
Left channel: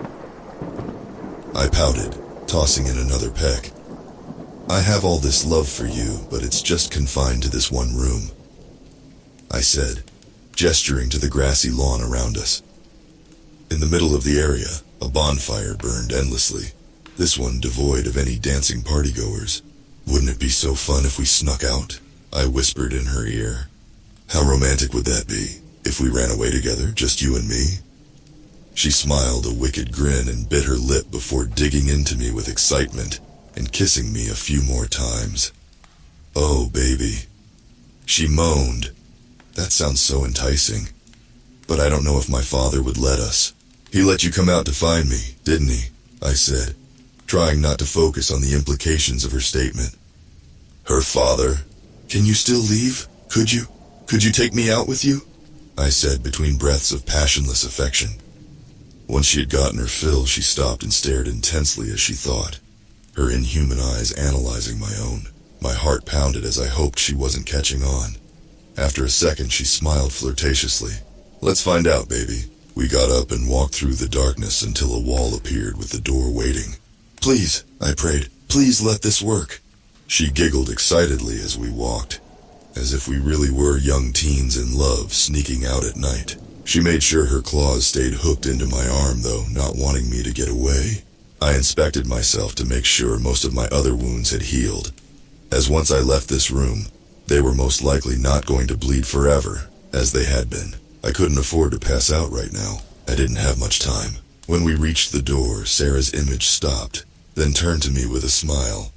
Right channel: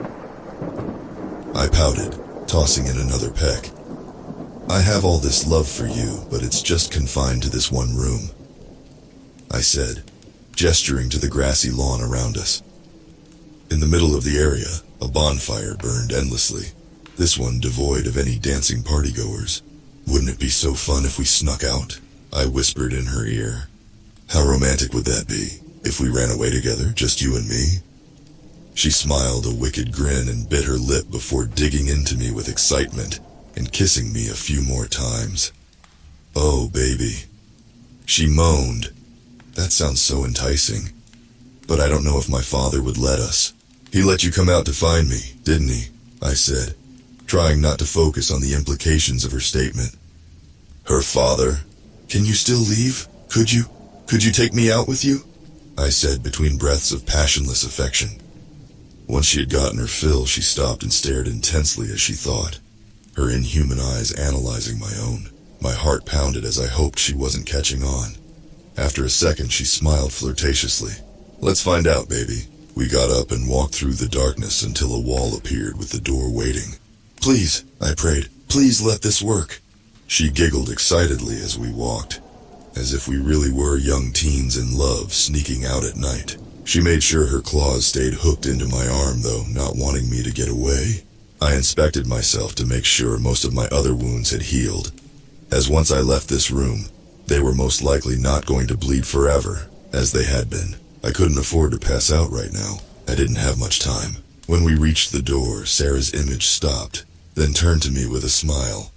I pouted, tossing in another peck. "I have all this love for you, but it's just confined to this one room. I said, gesturing to the grassy lawn around us. In the middle of the area, a bonfire burned endlessly, this one devoid of any dancing partygoers. Wouldn't it be so fun if we snuck out? I whispered in her ear. How romantic would that be, if we ran away together, just you and me? She smiled a wicked grin and bit her lip before digging into me with excitement and kissing me a few more times. Oh, baby. She moaned. That sounds so enticing. But I don't know if my father would let us. He let you come out to find me, didn't he? I said, trying not to focus on the implications of her statement. Her father? Can you still leave? Could you? Could you take me out with you? I said between breaths of passionless affection. Once she had gotten her fill, she stopped and stared intensely as she thought, her inhuman eyes analyzing my own. My heart pounded as I hoped she wasn't catching on. After a second, she smiled flirtatiously. Let's find out, baby. We got up and walked through the darkness until a wall appeared with the door waiting. Please, I prayed, please let this work. She giggled excitedly as we walked, as if we really were young teens in love sneaking out at night. She made sure her claws stayed hooked into my arm, though, not wanting me to get away. I inspected myself to make sure most of my other wounds had healed, as once I left this room, they were most likely not going to bleed forever, as they had been. I couldn't afford to pass out right now. I didn't have much time. When we reached the door, Sarah's image stopped, then turned to me with a smile.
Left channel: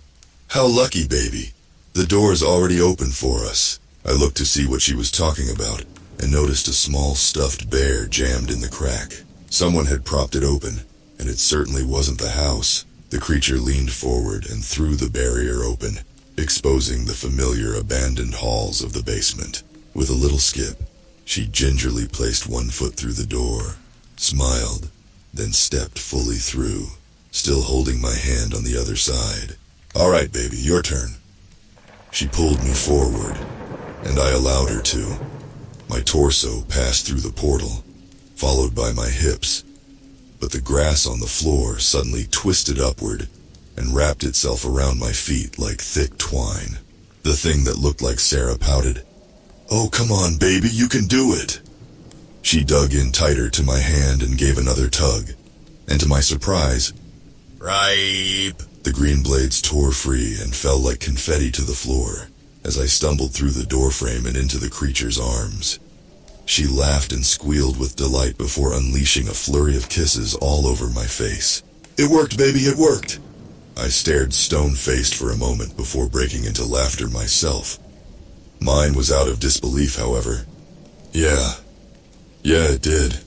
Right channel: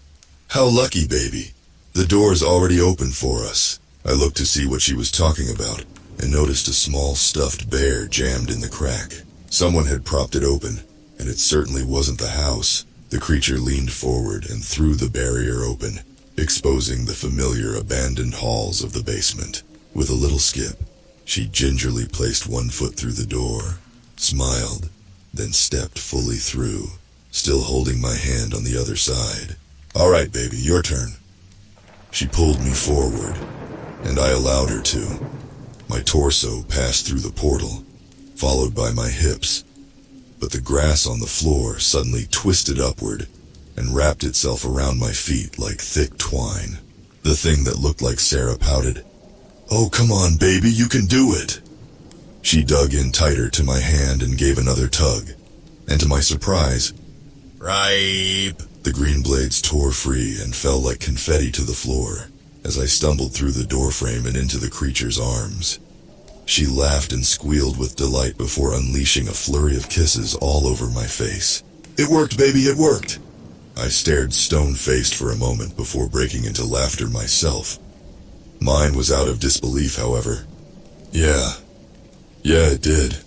How lucky, baby. The door's already open for us. I looked to see what she was talking about, and noticed a small stuffed bear jammed in the crack. Someone had propped it open, and it certainly wasn't the house. The creature leaned forward and threw the barrier open, exposing the familiar abandoned halls of the basement. With a little skip, she gingerly placed one foot through the door, smiled, then stepped fully through, still holding my hand on the other side. All right, baby, your turn. She pulled me forward, and I allowed her to. My torso passed through the portal, followed by my hips, but the grass on the floor suddenly twisted upward and wrapped itself around my feet like thick twine. The thing that looked like Sarah pouted. Oh, come on, baby, you can do it. She dug in tighter to my hand and gave another tug, and to my surprise, ripe. The green blades tore free and fell like confetti to the floor as I stumbled through the doorframe and into the creature's arms. She laughed and squealed with delight before unleashing a flurry of kisses all over my face. It worked, baby, it worked. I stared stone-faced for a moment before breaking into laughter myself. Mine was out of disbelief, however. Yeah, it did.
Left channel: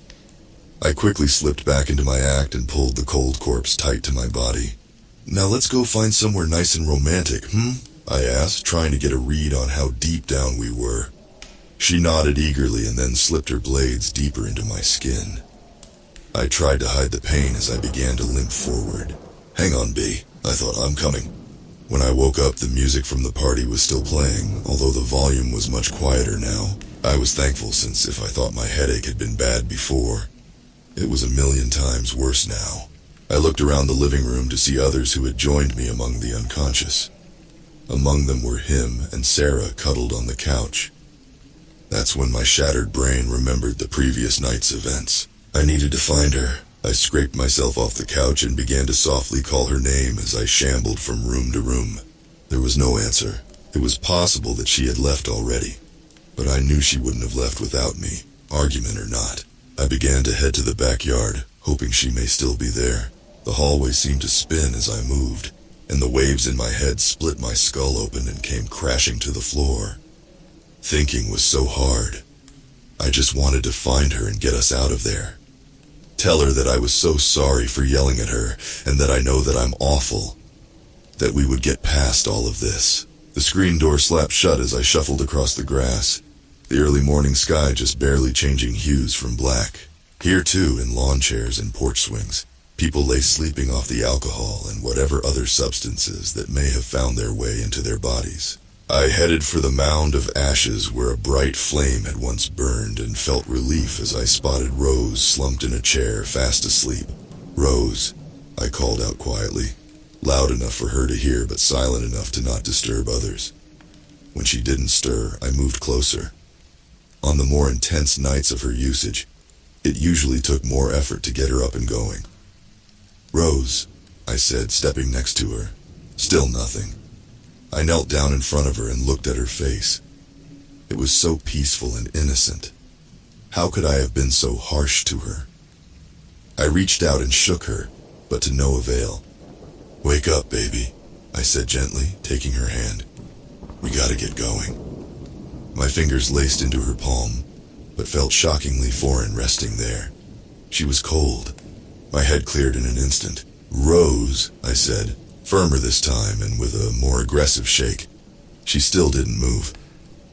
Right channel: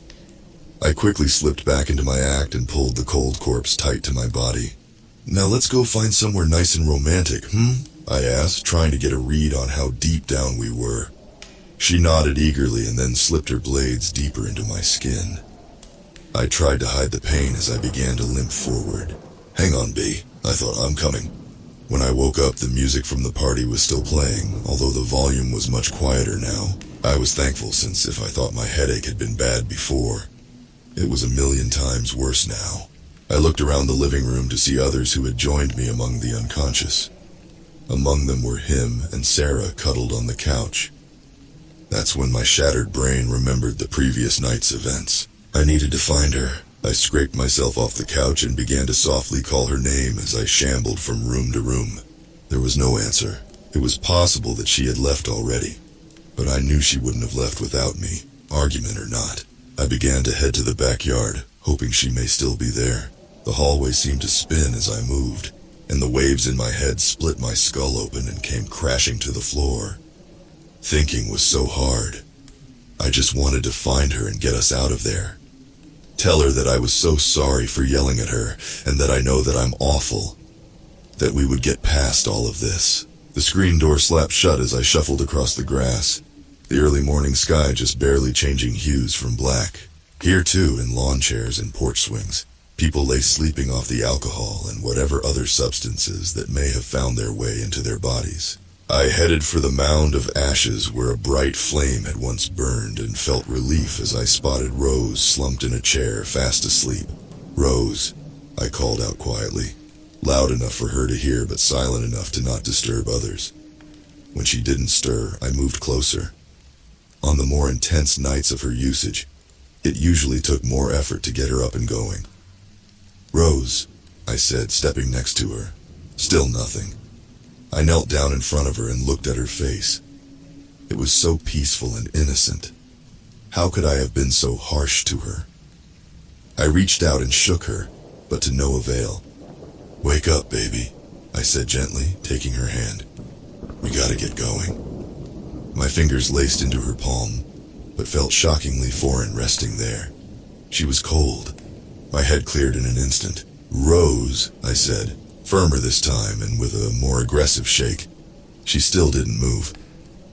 I quickly slipped back into my act and pulled the cold corpse tight to my body. Now let's go find somewhere nice and romantic, I asked, trying to get a read on how deep down we were. She nodded eagerly and then slipped her blades deeper into my skin. I tried to hide the pain as I began to limp forward. Hang on, B, I thought, I'm coming. When I woke up, the music from the party was still playing, although the volume was much quieter now. I was thankful, since if I thought my headache had been bad before, it was a million times worse now. I looked around the living room to see others who had joined me among the unconscious. Among them were him and Sarah cuddled on the couch. That's when my shattered brain remembered the previous night's events. I needed to find her. I scraped myself off the couch and began to softly call her name as I shambled from room to room. There was no answer. It was possible that she had left already, but I knew she wouldn't have left without me, argument or not. I began to head to the backyard, hoping she may still be there. The hallway seemed to spin as I moved, and the waves in my head split my skull open and came crashing to the floor. Thinking was so hard. I just wanted to find her and get us out of there. Tell her that I was so sorry for yelling at her, and that I know that I'm awful. That we would get past all of this. The screen door slapped shut as I shuffled across the grass, the early morning sky just barely changing hues from black. Here too, in lawn chairs and porch swings, people lay sleeping off the alcohol and whatever other substances that may have found their way into their bodies. I headed for the mound of ashes where a bright flame had once burned and felt relief as I spotted Rose slumped in a chair, fast asleep. Rose, I called out quietly, loud enough for her to hear but silent enough to not disturb others. When she didn't stir, I moved closer. On the more intense nights of her usage, it usually took more effort to get her up and going. "Rose," I said, stepping next to her. Still nothing. I knelt down in front of her and looked at her face. It was so peaceful and innocent. How could I have been so harsh to her? I reached out and shook her, but to no avail. "Wake up, baby," I said gently, taking her hand. "We gotta get going." My fingers laced into her palm, but felt shockingly foreign resting there. She was cold. My head cleared in an instant. "Rose," I said, firmer this time and with a more aggressive shake. She still didn't move.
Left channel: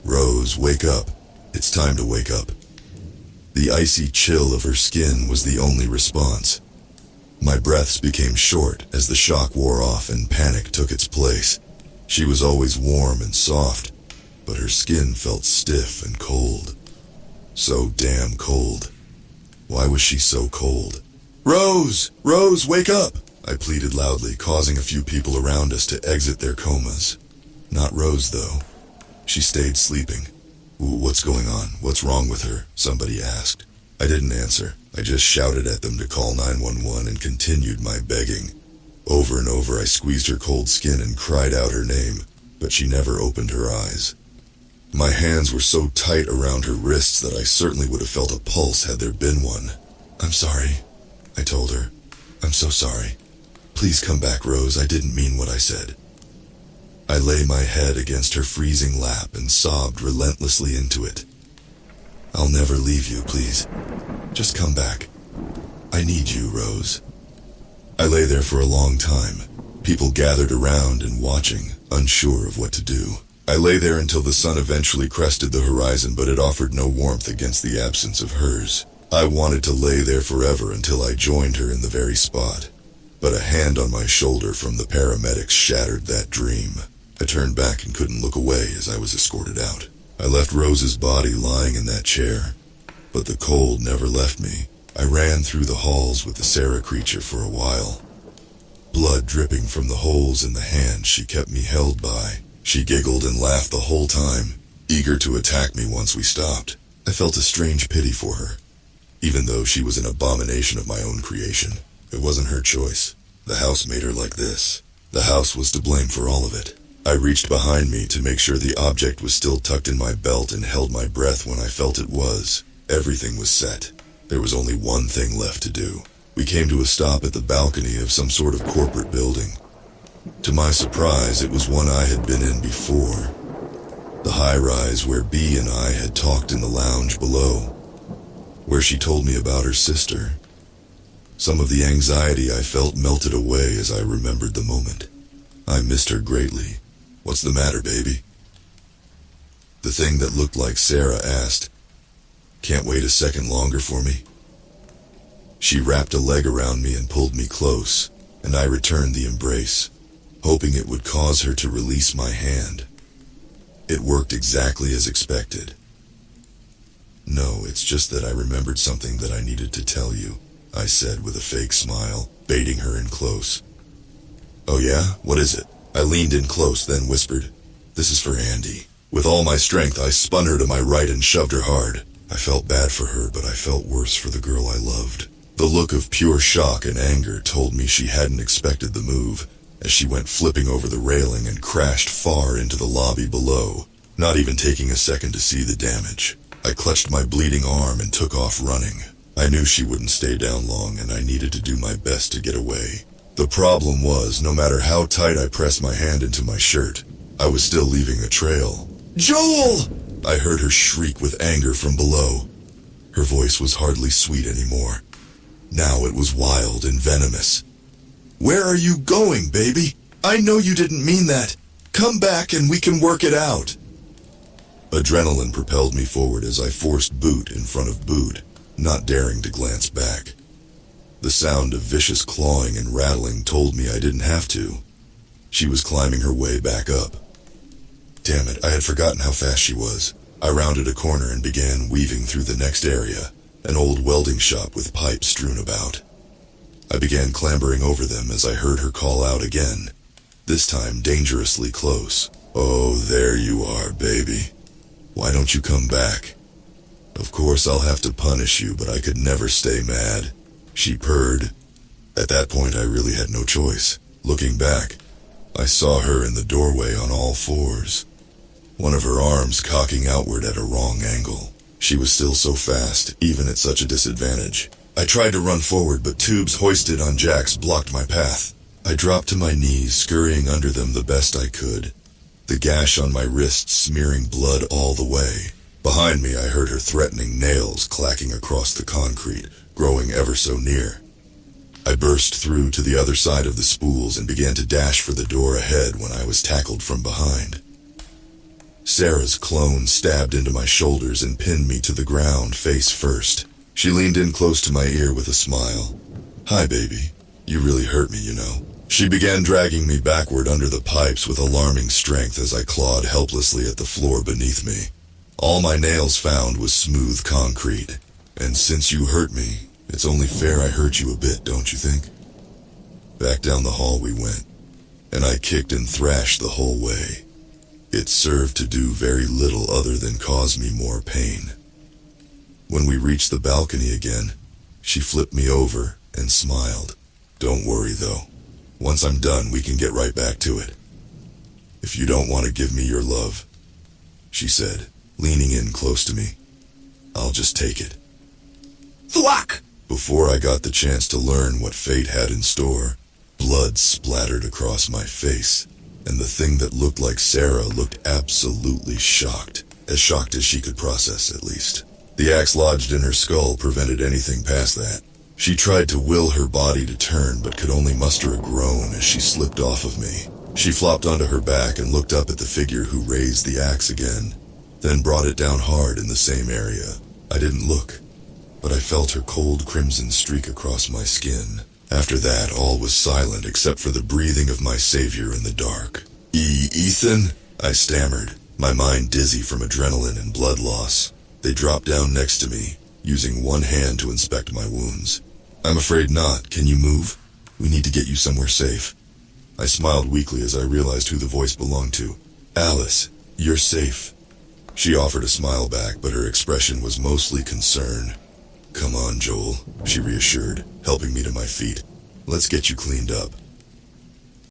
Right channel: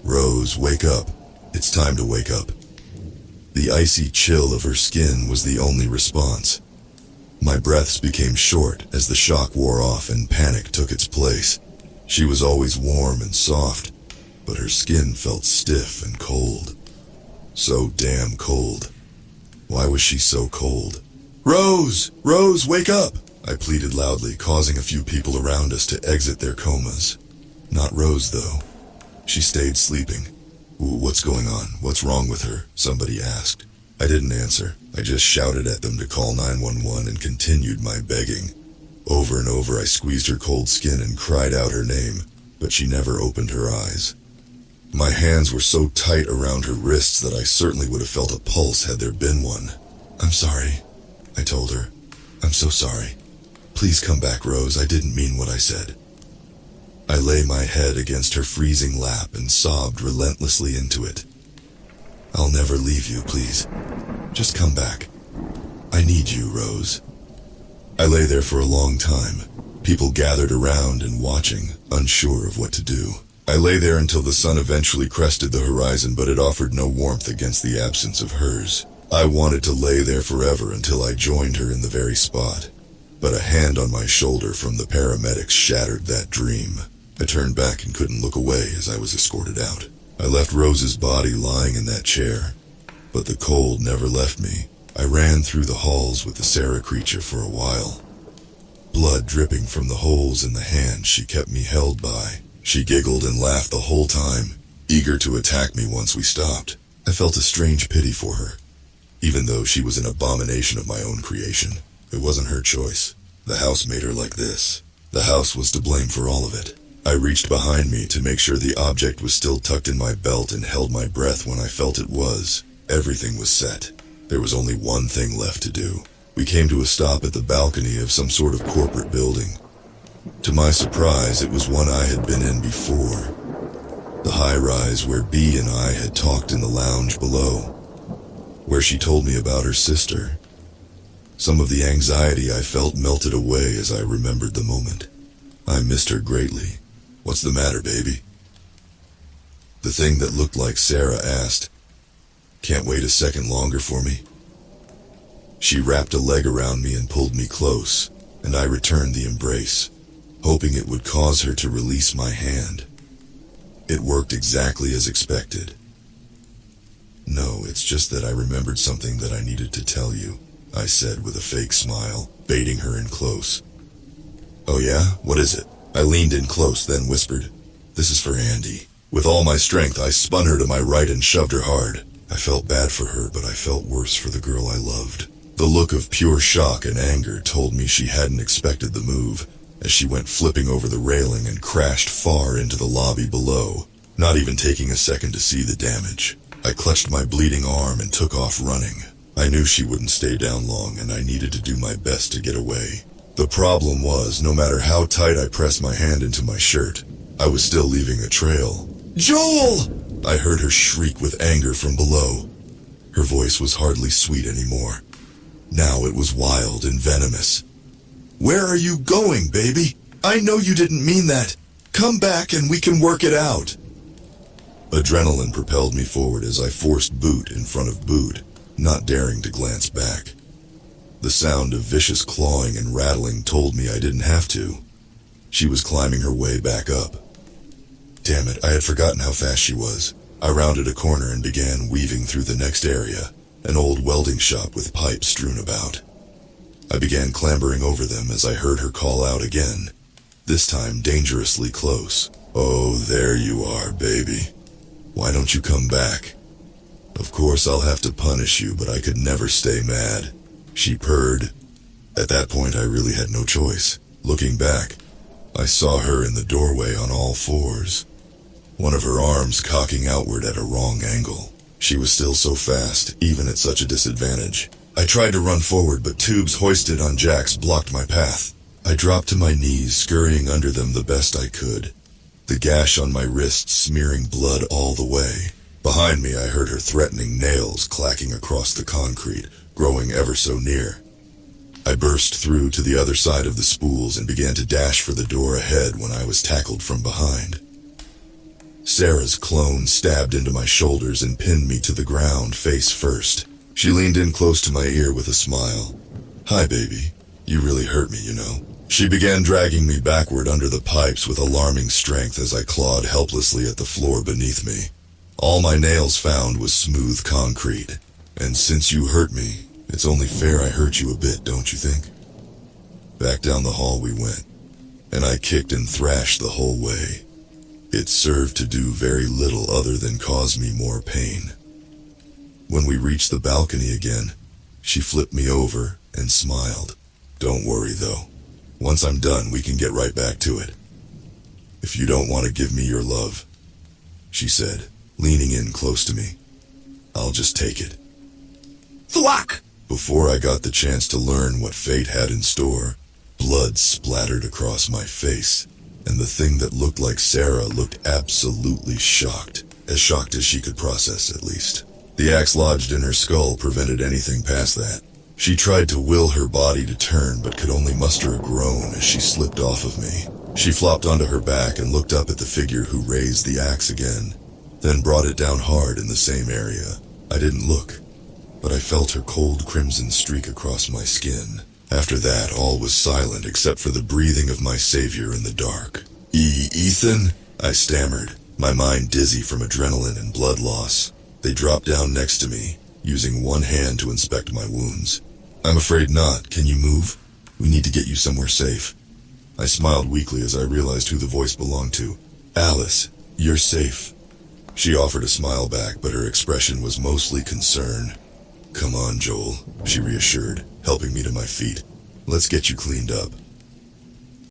"Rose, wake up. It's time to wake up." The icy chill of her skin was the only response. My breaths became short as the shock wore off and panic took its place. She was always warm and soft, but her skin felt stiff and cold. So damn cold. Why was she so cold? "Rose! Rose, wake up!" I pleaded loudly, causing a few people around us to exit their comas. Not Rose, though. She stayed sleeping. "What's going on? What's wrong with her?" somebody asked. I didn't answer. I just shouted at them to call 911 and continued my begging. Over and over I squeezed her cold skin and cried out her name, but she never opened her eyes. My hands were so tight around her wrists that I certainly would have felt a pulse had there been one. "I'm sorry," I told her. "I'm so sorry. Please come back, Rose. I didn't mean what I said." I lay my head against her freezing lap and sobbed relentlessly into it. "I'll never leave you, please. Just come back. I need you, Rose." I lay there for a long time, people gathered around and watching, unsure of what to do. I lay there until the sun eventually crested the horizon, but it offered no warmth against the absence of hers. I wanted to lay there forever until I joined her in the very spot. But a hand on my shoulder from the paramedics shattered that dream. I turned back and couldn't look away as I was escorted out. I left Rose's body lying in that chair, but the cold never left me. I ran through the halls with the Sarah creature for a while. Blood dripping from the holes in the hand she kept me held by. She giggled and laughed the whole time, eager to attack me once we stopped. I felt a strange pity for her, even though she was an abomination of my own creation. It wasn't her choice. The house made her like this. The house was to blame for all of it. I reached behind me to make sure the object was still tucked in my belt and held my breath when I felt it was. Everything was set. There was only one thing left to do. We came to a stop at the balcony of some sort of corporate building. To my surprise, it was one I had been in before. The high-rise where Bea and I had talked in the lounge below, where she told me about her sister. Some of the anxiety I felt melted away as I remembered the moment. I missed her greatly. "What's the matter, baby?" The thing that looked like Sarah asked. "Can't wait a second longer for me?" She wrapped a leg around me and pulled me close, and I returned the embrace, hoping it would cause her to release my hand. It worked exactly as expected. "No, it's just that I remembered something that I needed to tell you," I said with a fake smile, baiting her in close. "Oh yeah? What is it?" I leaned in close, then whispered, "This is for Andy." With all my strength, I spun her to my right and shoved her hard. I felt bad for her, but I felt worse for the girl I loved. The look of pure shock and anger told me she hadn't expected the move, as she went flipping over the railing and crashed far into the lobby below, not even taking a second to see the damage. I clutched my bleeding arm and took off running. I knew she wouldn't stay down long, and I needed to do my best to get away. The problem was, no matter how tight I pressed my hand into my shirt, I was still leaving a trail. "Joel!" I heard her shriek with anger from below. Her voice was hardly sweet anymore. Now it was wild and venomous. "Where are you going, baby? I know you didn't mean that. Come back and we can work it out." Adrenaline propelled me forward as I forced boot in front of boot, not daring to glance back. The sound of vicious clawing and rattling told me I didn't have to. She was climbing her way back up. Damn it, I had forgotten how fast she was. I rounded a corner and began weaving through the next area, an old welding shop with pipes strewn about. I began clambering over them as I heard her call out again, this time dangerously close. "Oh, there you are, baby. Why don't you come back?" Of course I'll have to punish you, but I could never stay mad, she purred. At that point I really had no choice. Looking back, I saw her in the doorway on all fours, one of her arms cocking outward at a wrong angle. She was still so fast, even at such a disadvantage. I tried to run forward, but tubes hoisted on jacks blocked my path. I dropped to my knees, scurrying under them the best I could, the gash on my wrist smearing blood all the way. Behind me I heard her threatening nails clacking across the concrete, growing ever so near. I burst through to the other side of the spools and began to dash for the door ahead when I was tackled from behind. Sarah's clone stabbed into my shoulders and pinned me to the ground face first. She leaned in close to my ear with a smile. "Hi, baby. You really hurt me, you know." She began dragging me backward under the pipes with alarming strength as I clawed helplessly at the floor beneath me. All my nails found was smooth concrete. "And since you hurt me, it's only fair I hurt you a bit, don't you think?" Back down the hall we went, and I kicked and thrashed the whole way. It served to do very little other than cause me more pain. When we reached the balcony again, she flipped me over and smiled. "Don't worry though. Once I'm done, we can get right back to it. If you don't want to give me your love," she said, leaning in close to me, "I'll just take it." Thwack! Before I got the chance to learn what fate had in store, blood splattered across my face, and the thing that looked like Sarah looked absolutely shocked as she could process at least. The axe lodged in her skull prevented anything past that. She tried to will her body to turn, but could only muster a groan as she slipped off of me. She flopped onto her back and looked up at the figure who raised the axe again, then brought it down hard in the same area. I didn't look, but I felt her cold crimson streak across my skin. After that, all was silent except for the breathing of my savior in the dark. Ethan?" I stammered, my mind dizzy from adrenaline and blood loss. They dropped down next to me, using one hand to inspect my wounds. "I'm afraid not. Can you move? We need to get you somewhere safe." I smiled weakly as I realized who the voice belonged to. "Alice, you're safe." She offered a smile back, but her expression was mostly concern. "Come on, Joel," she reassured, helping me to my feet. "Let's get you cleaned up."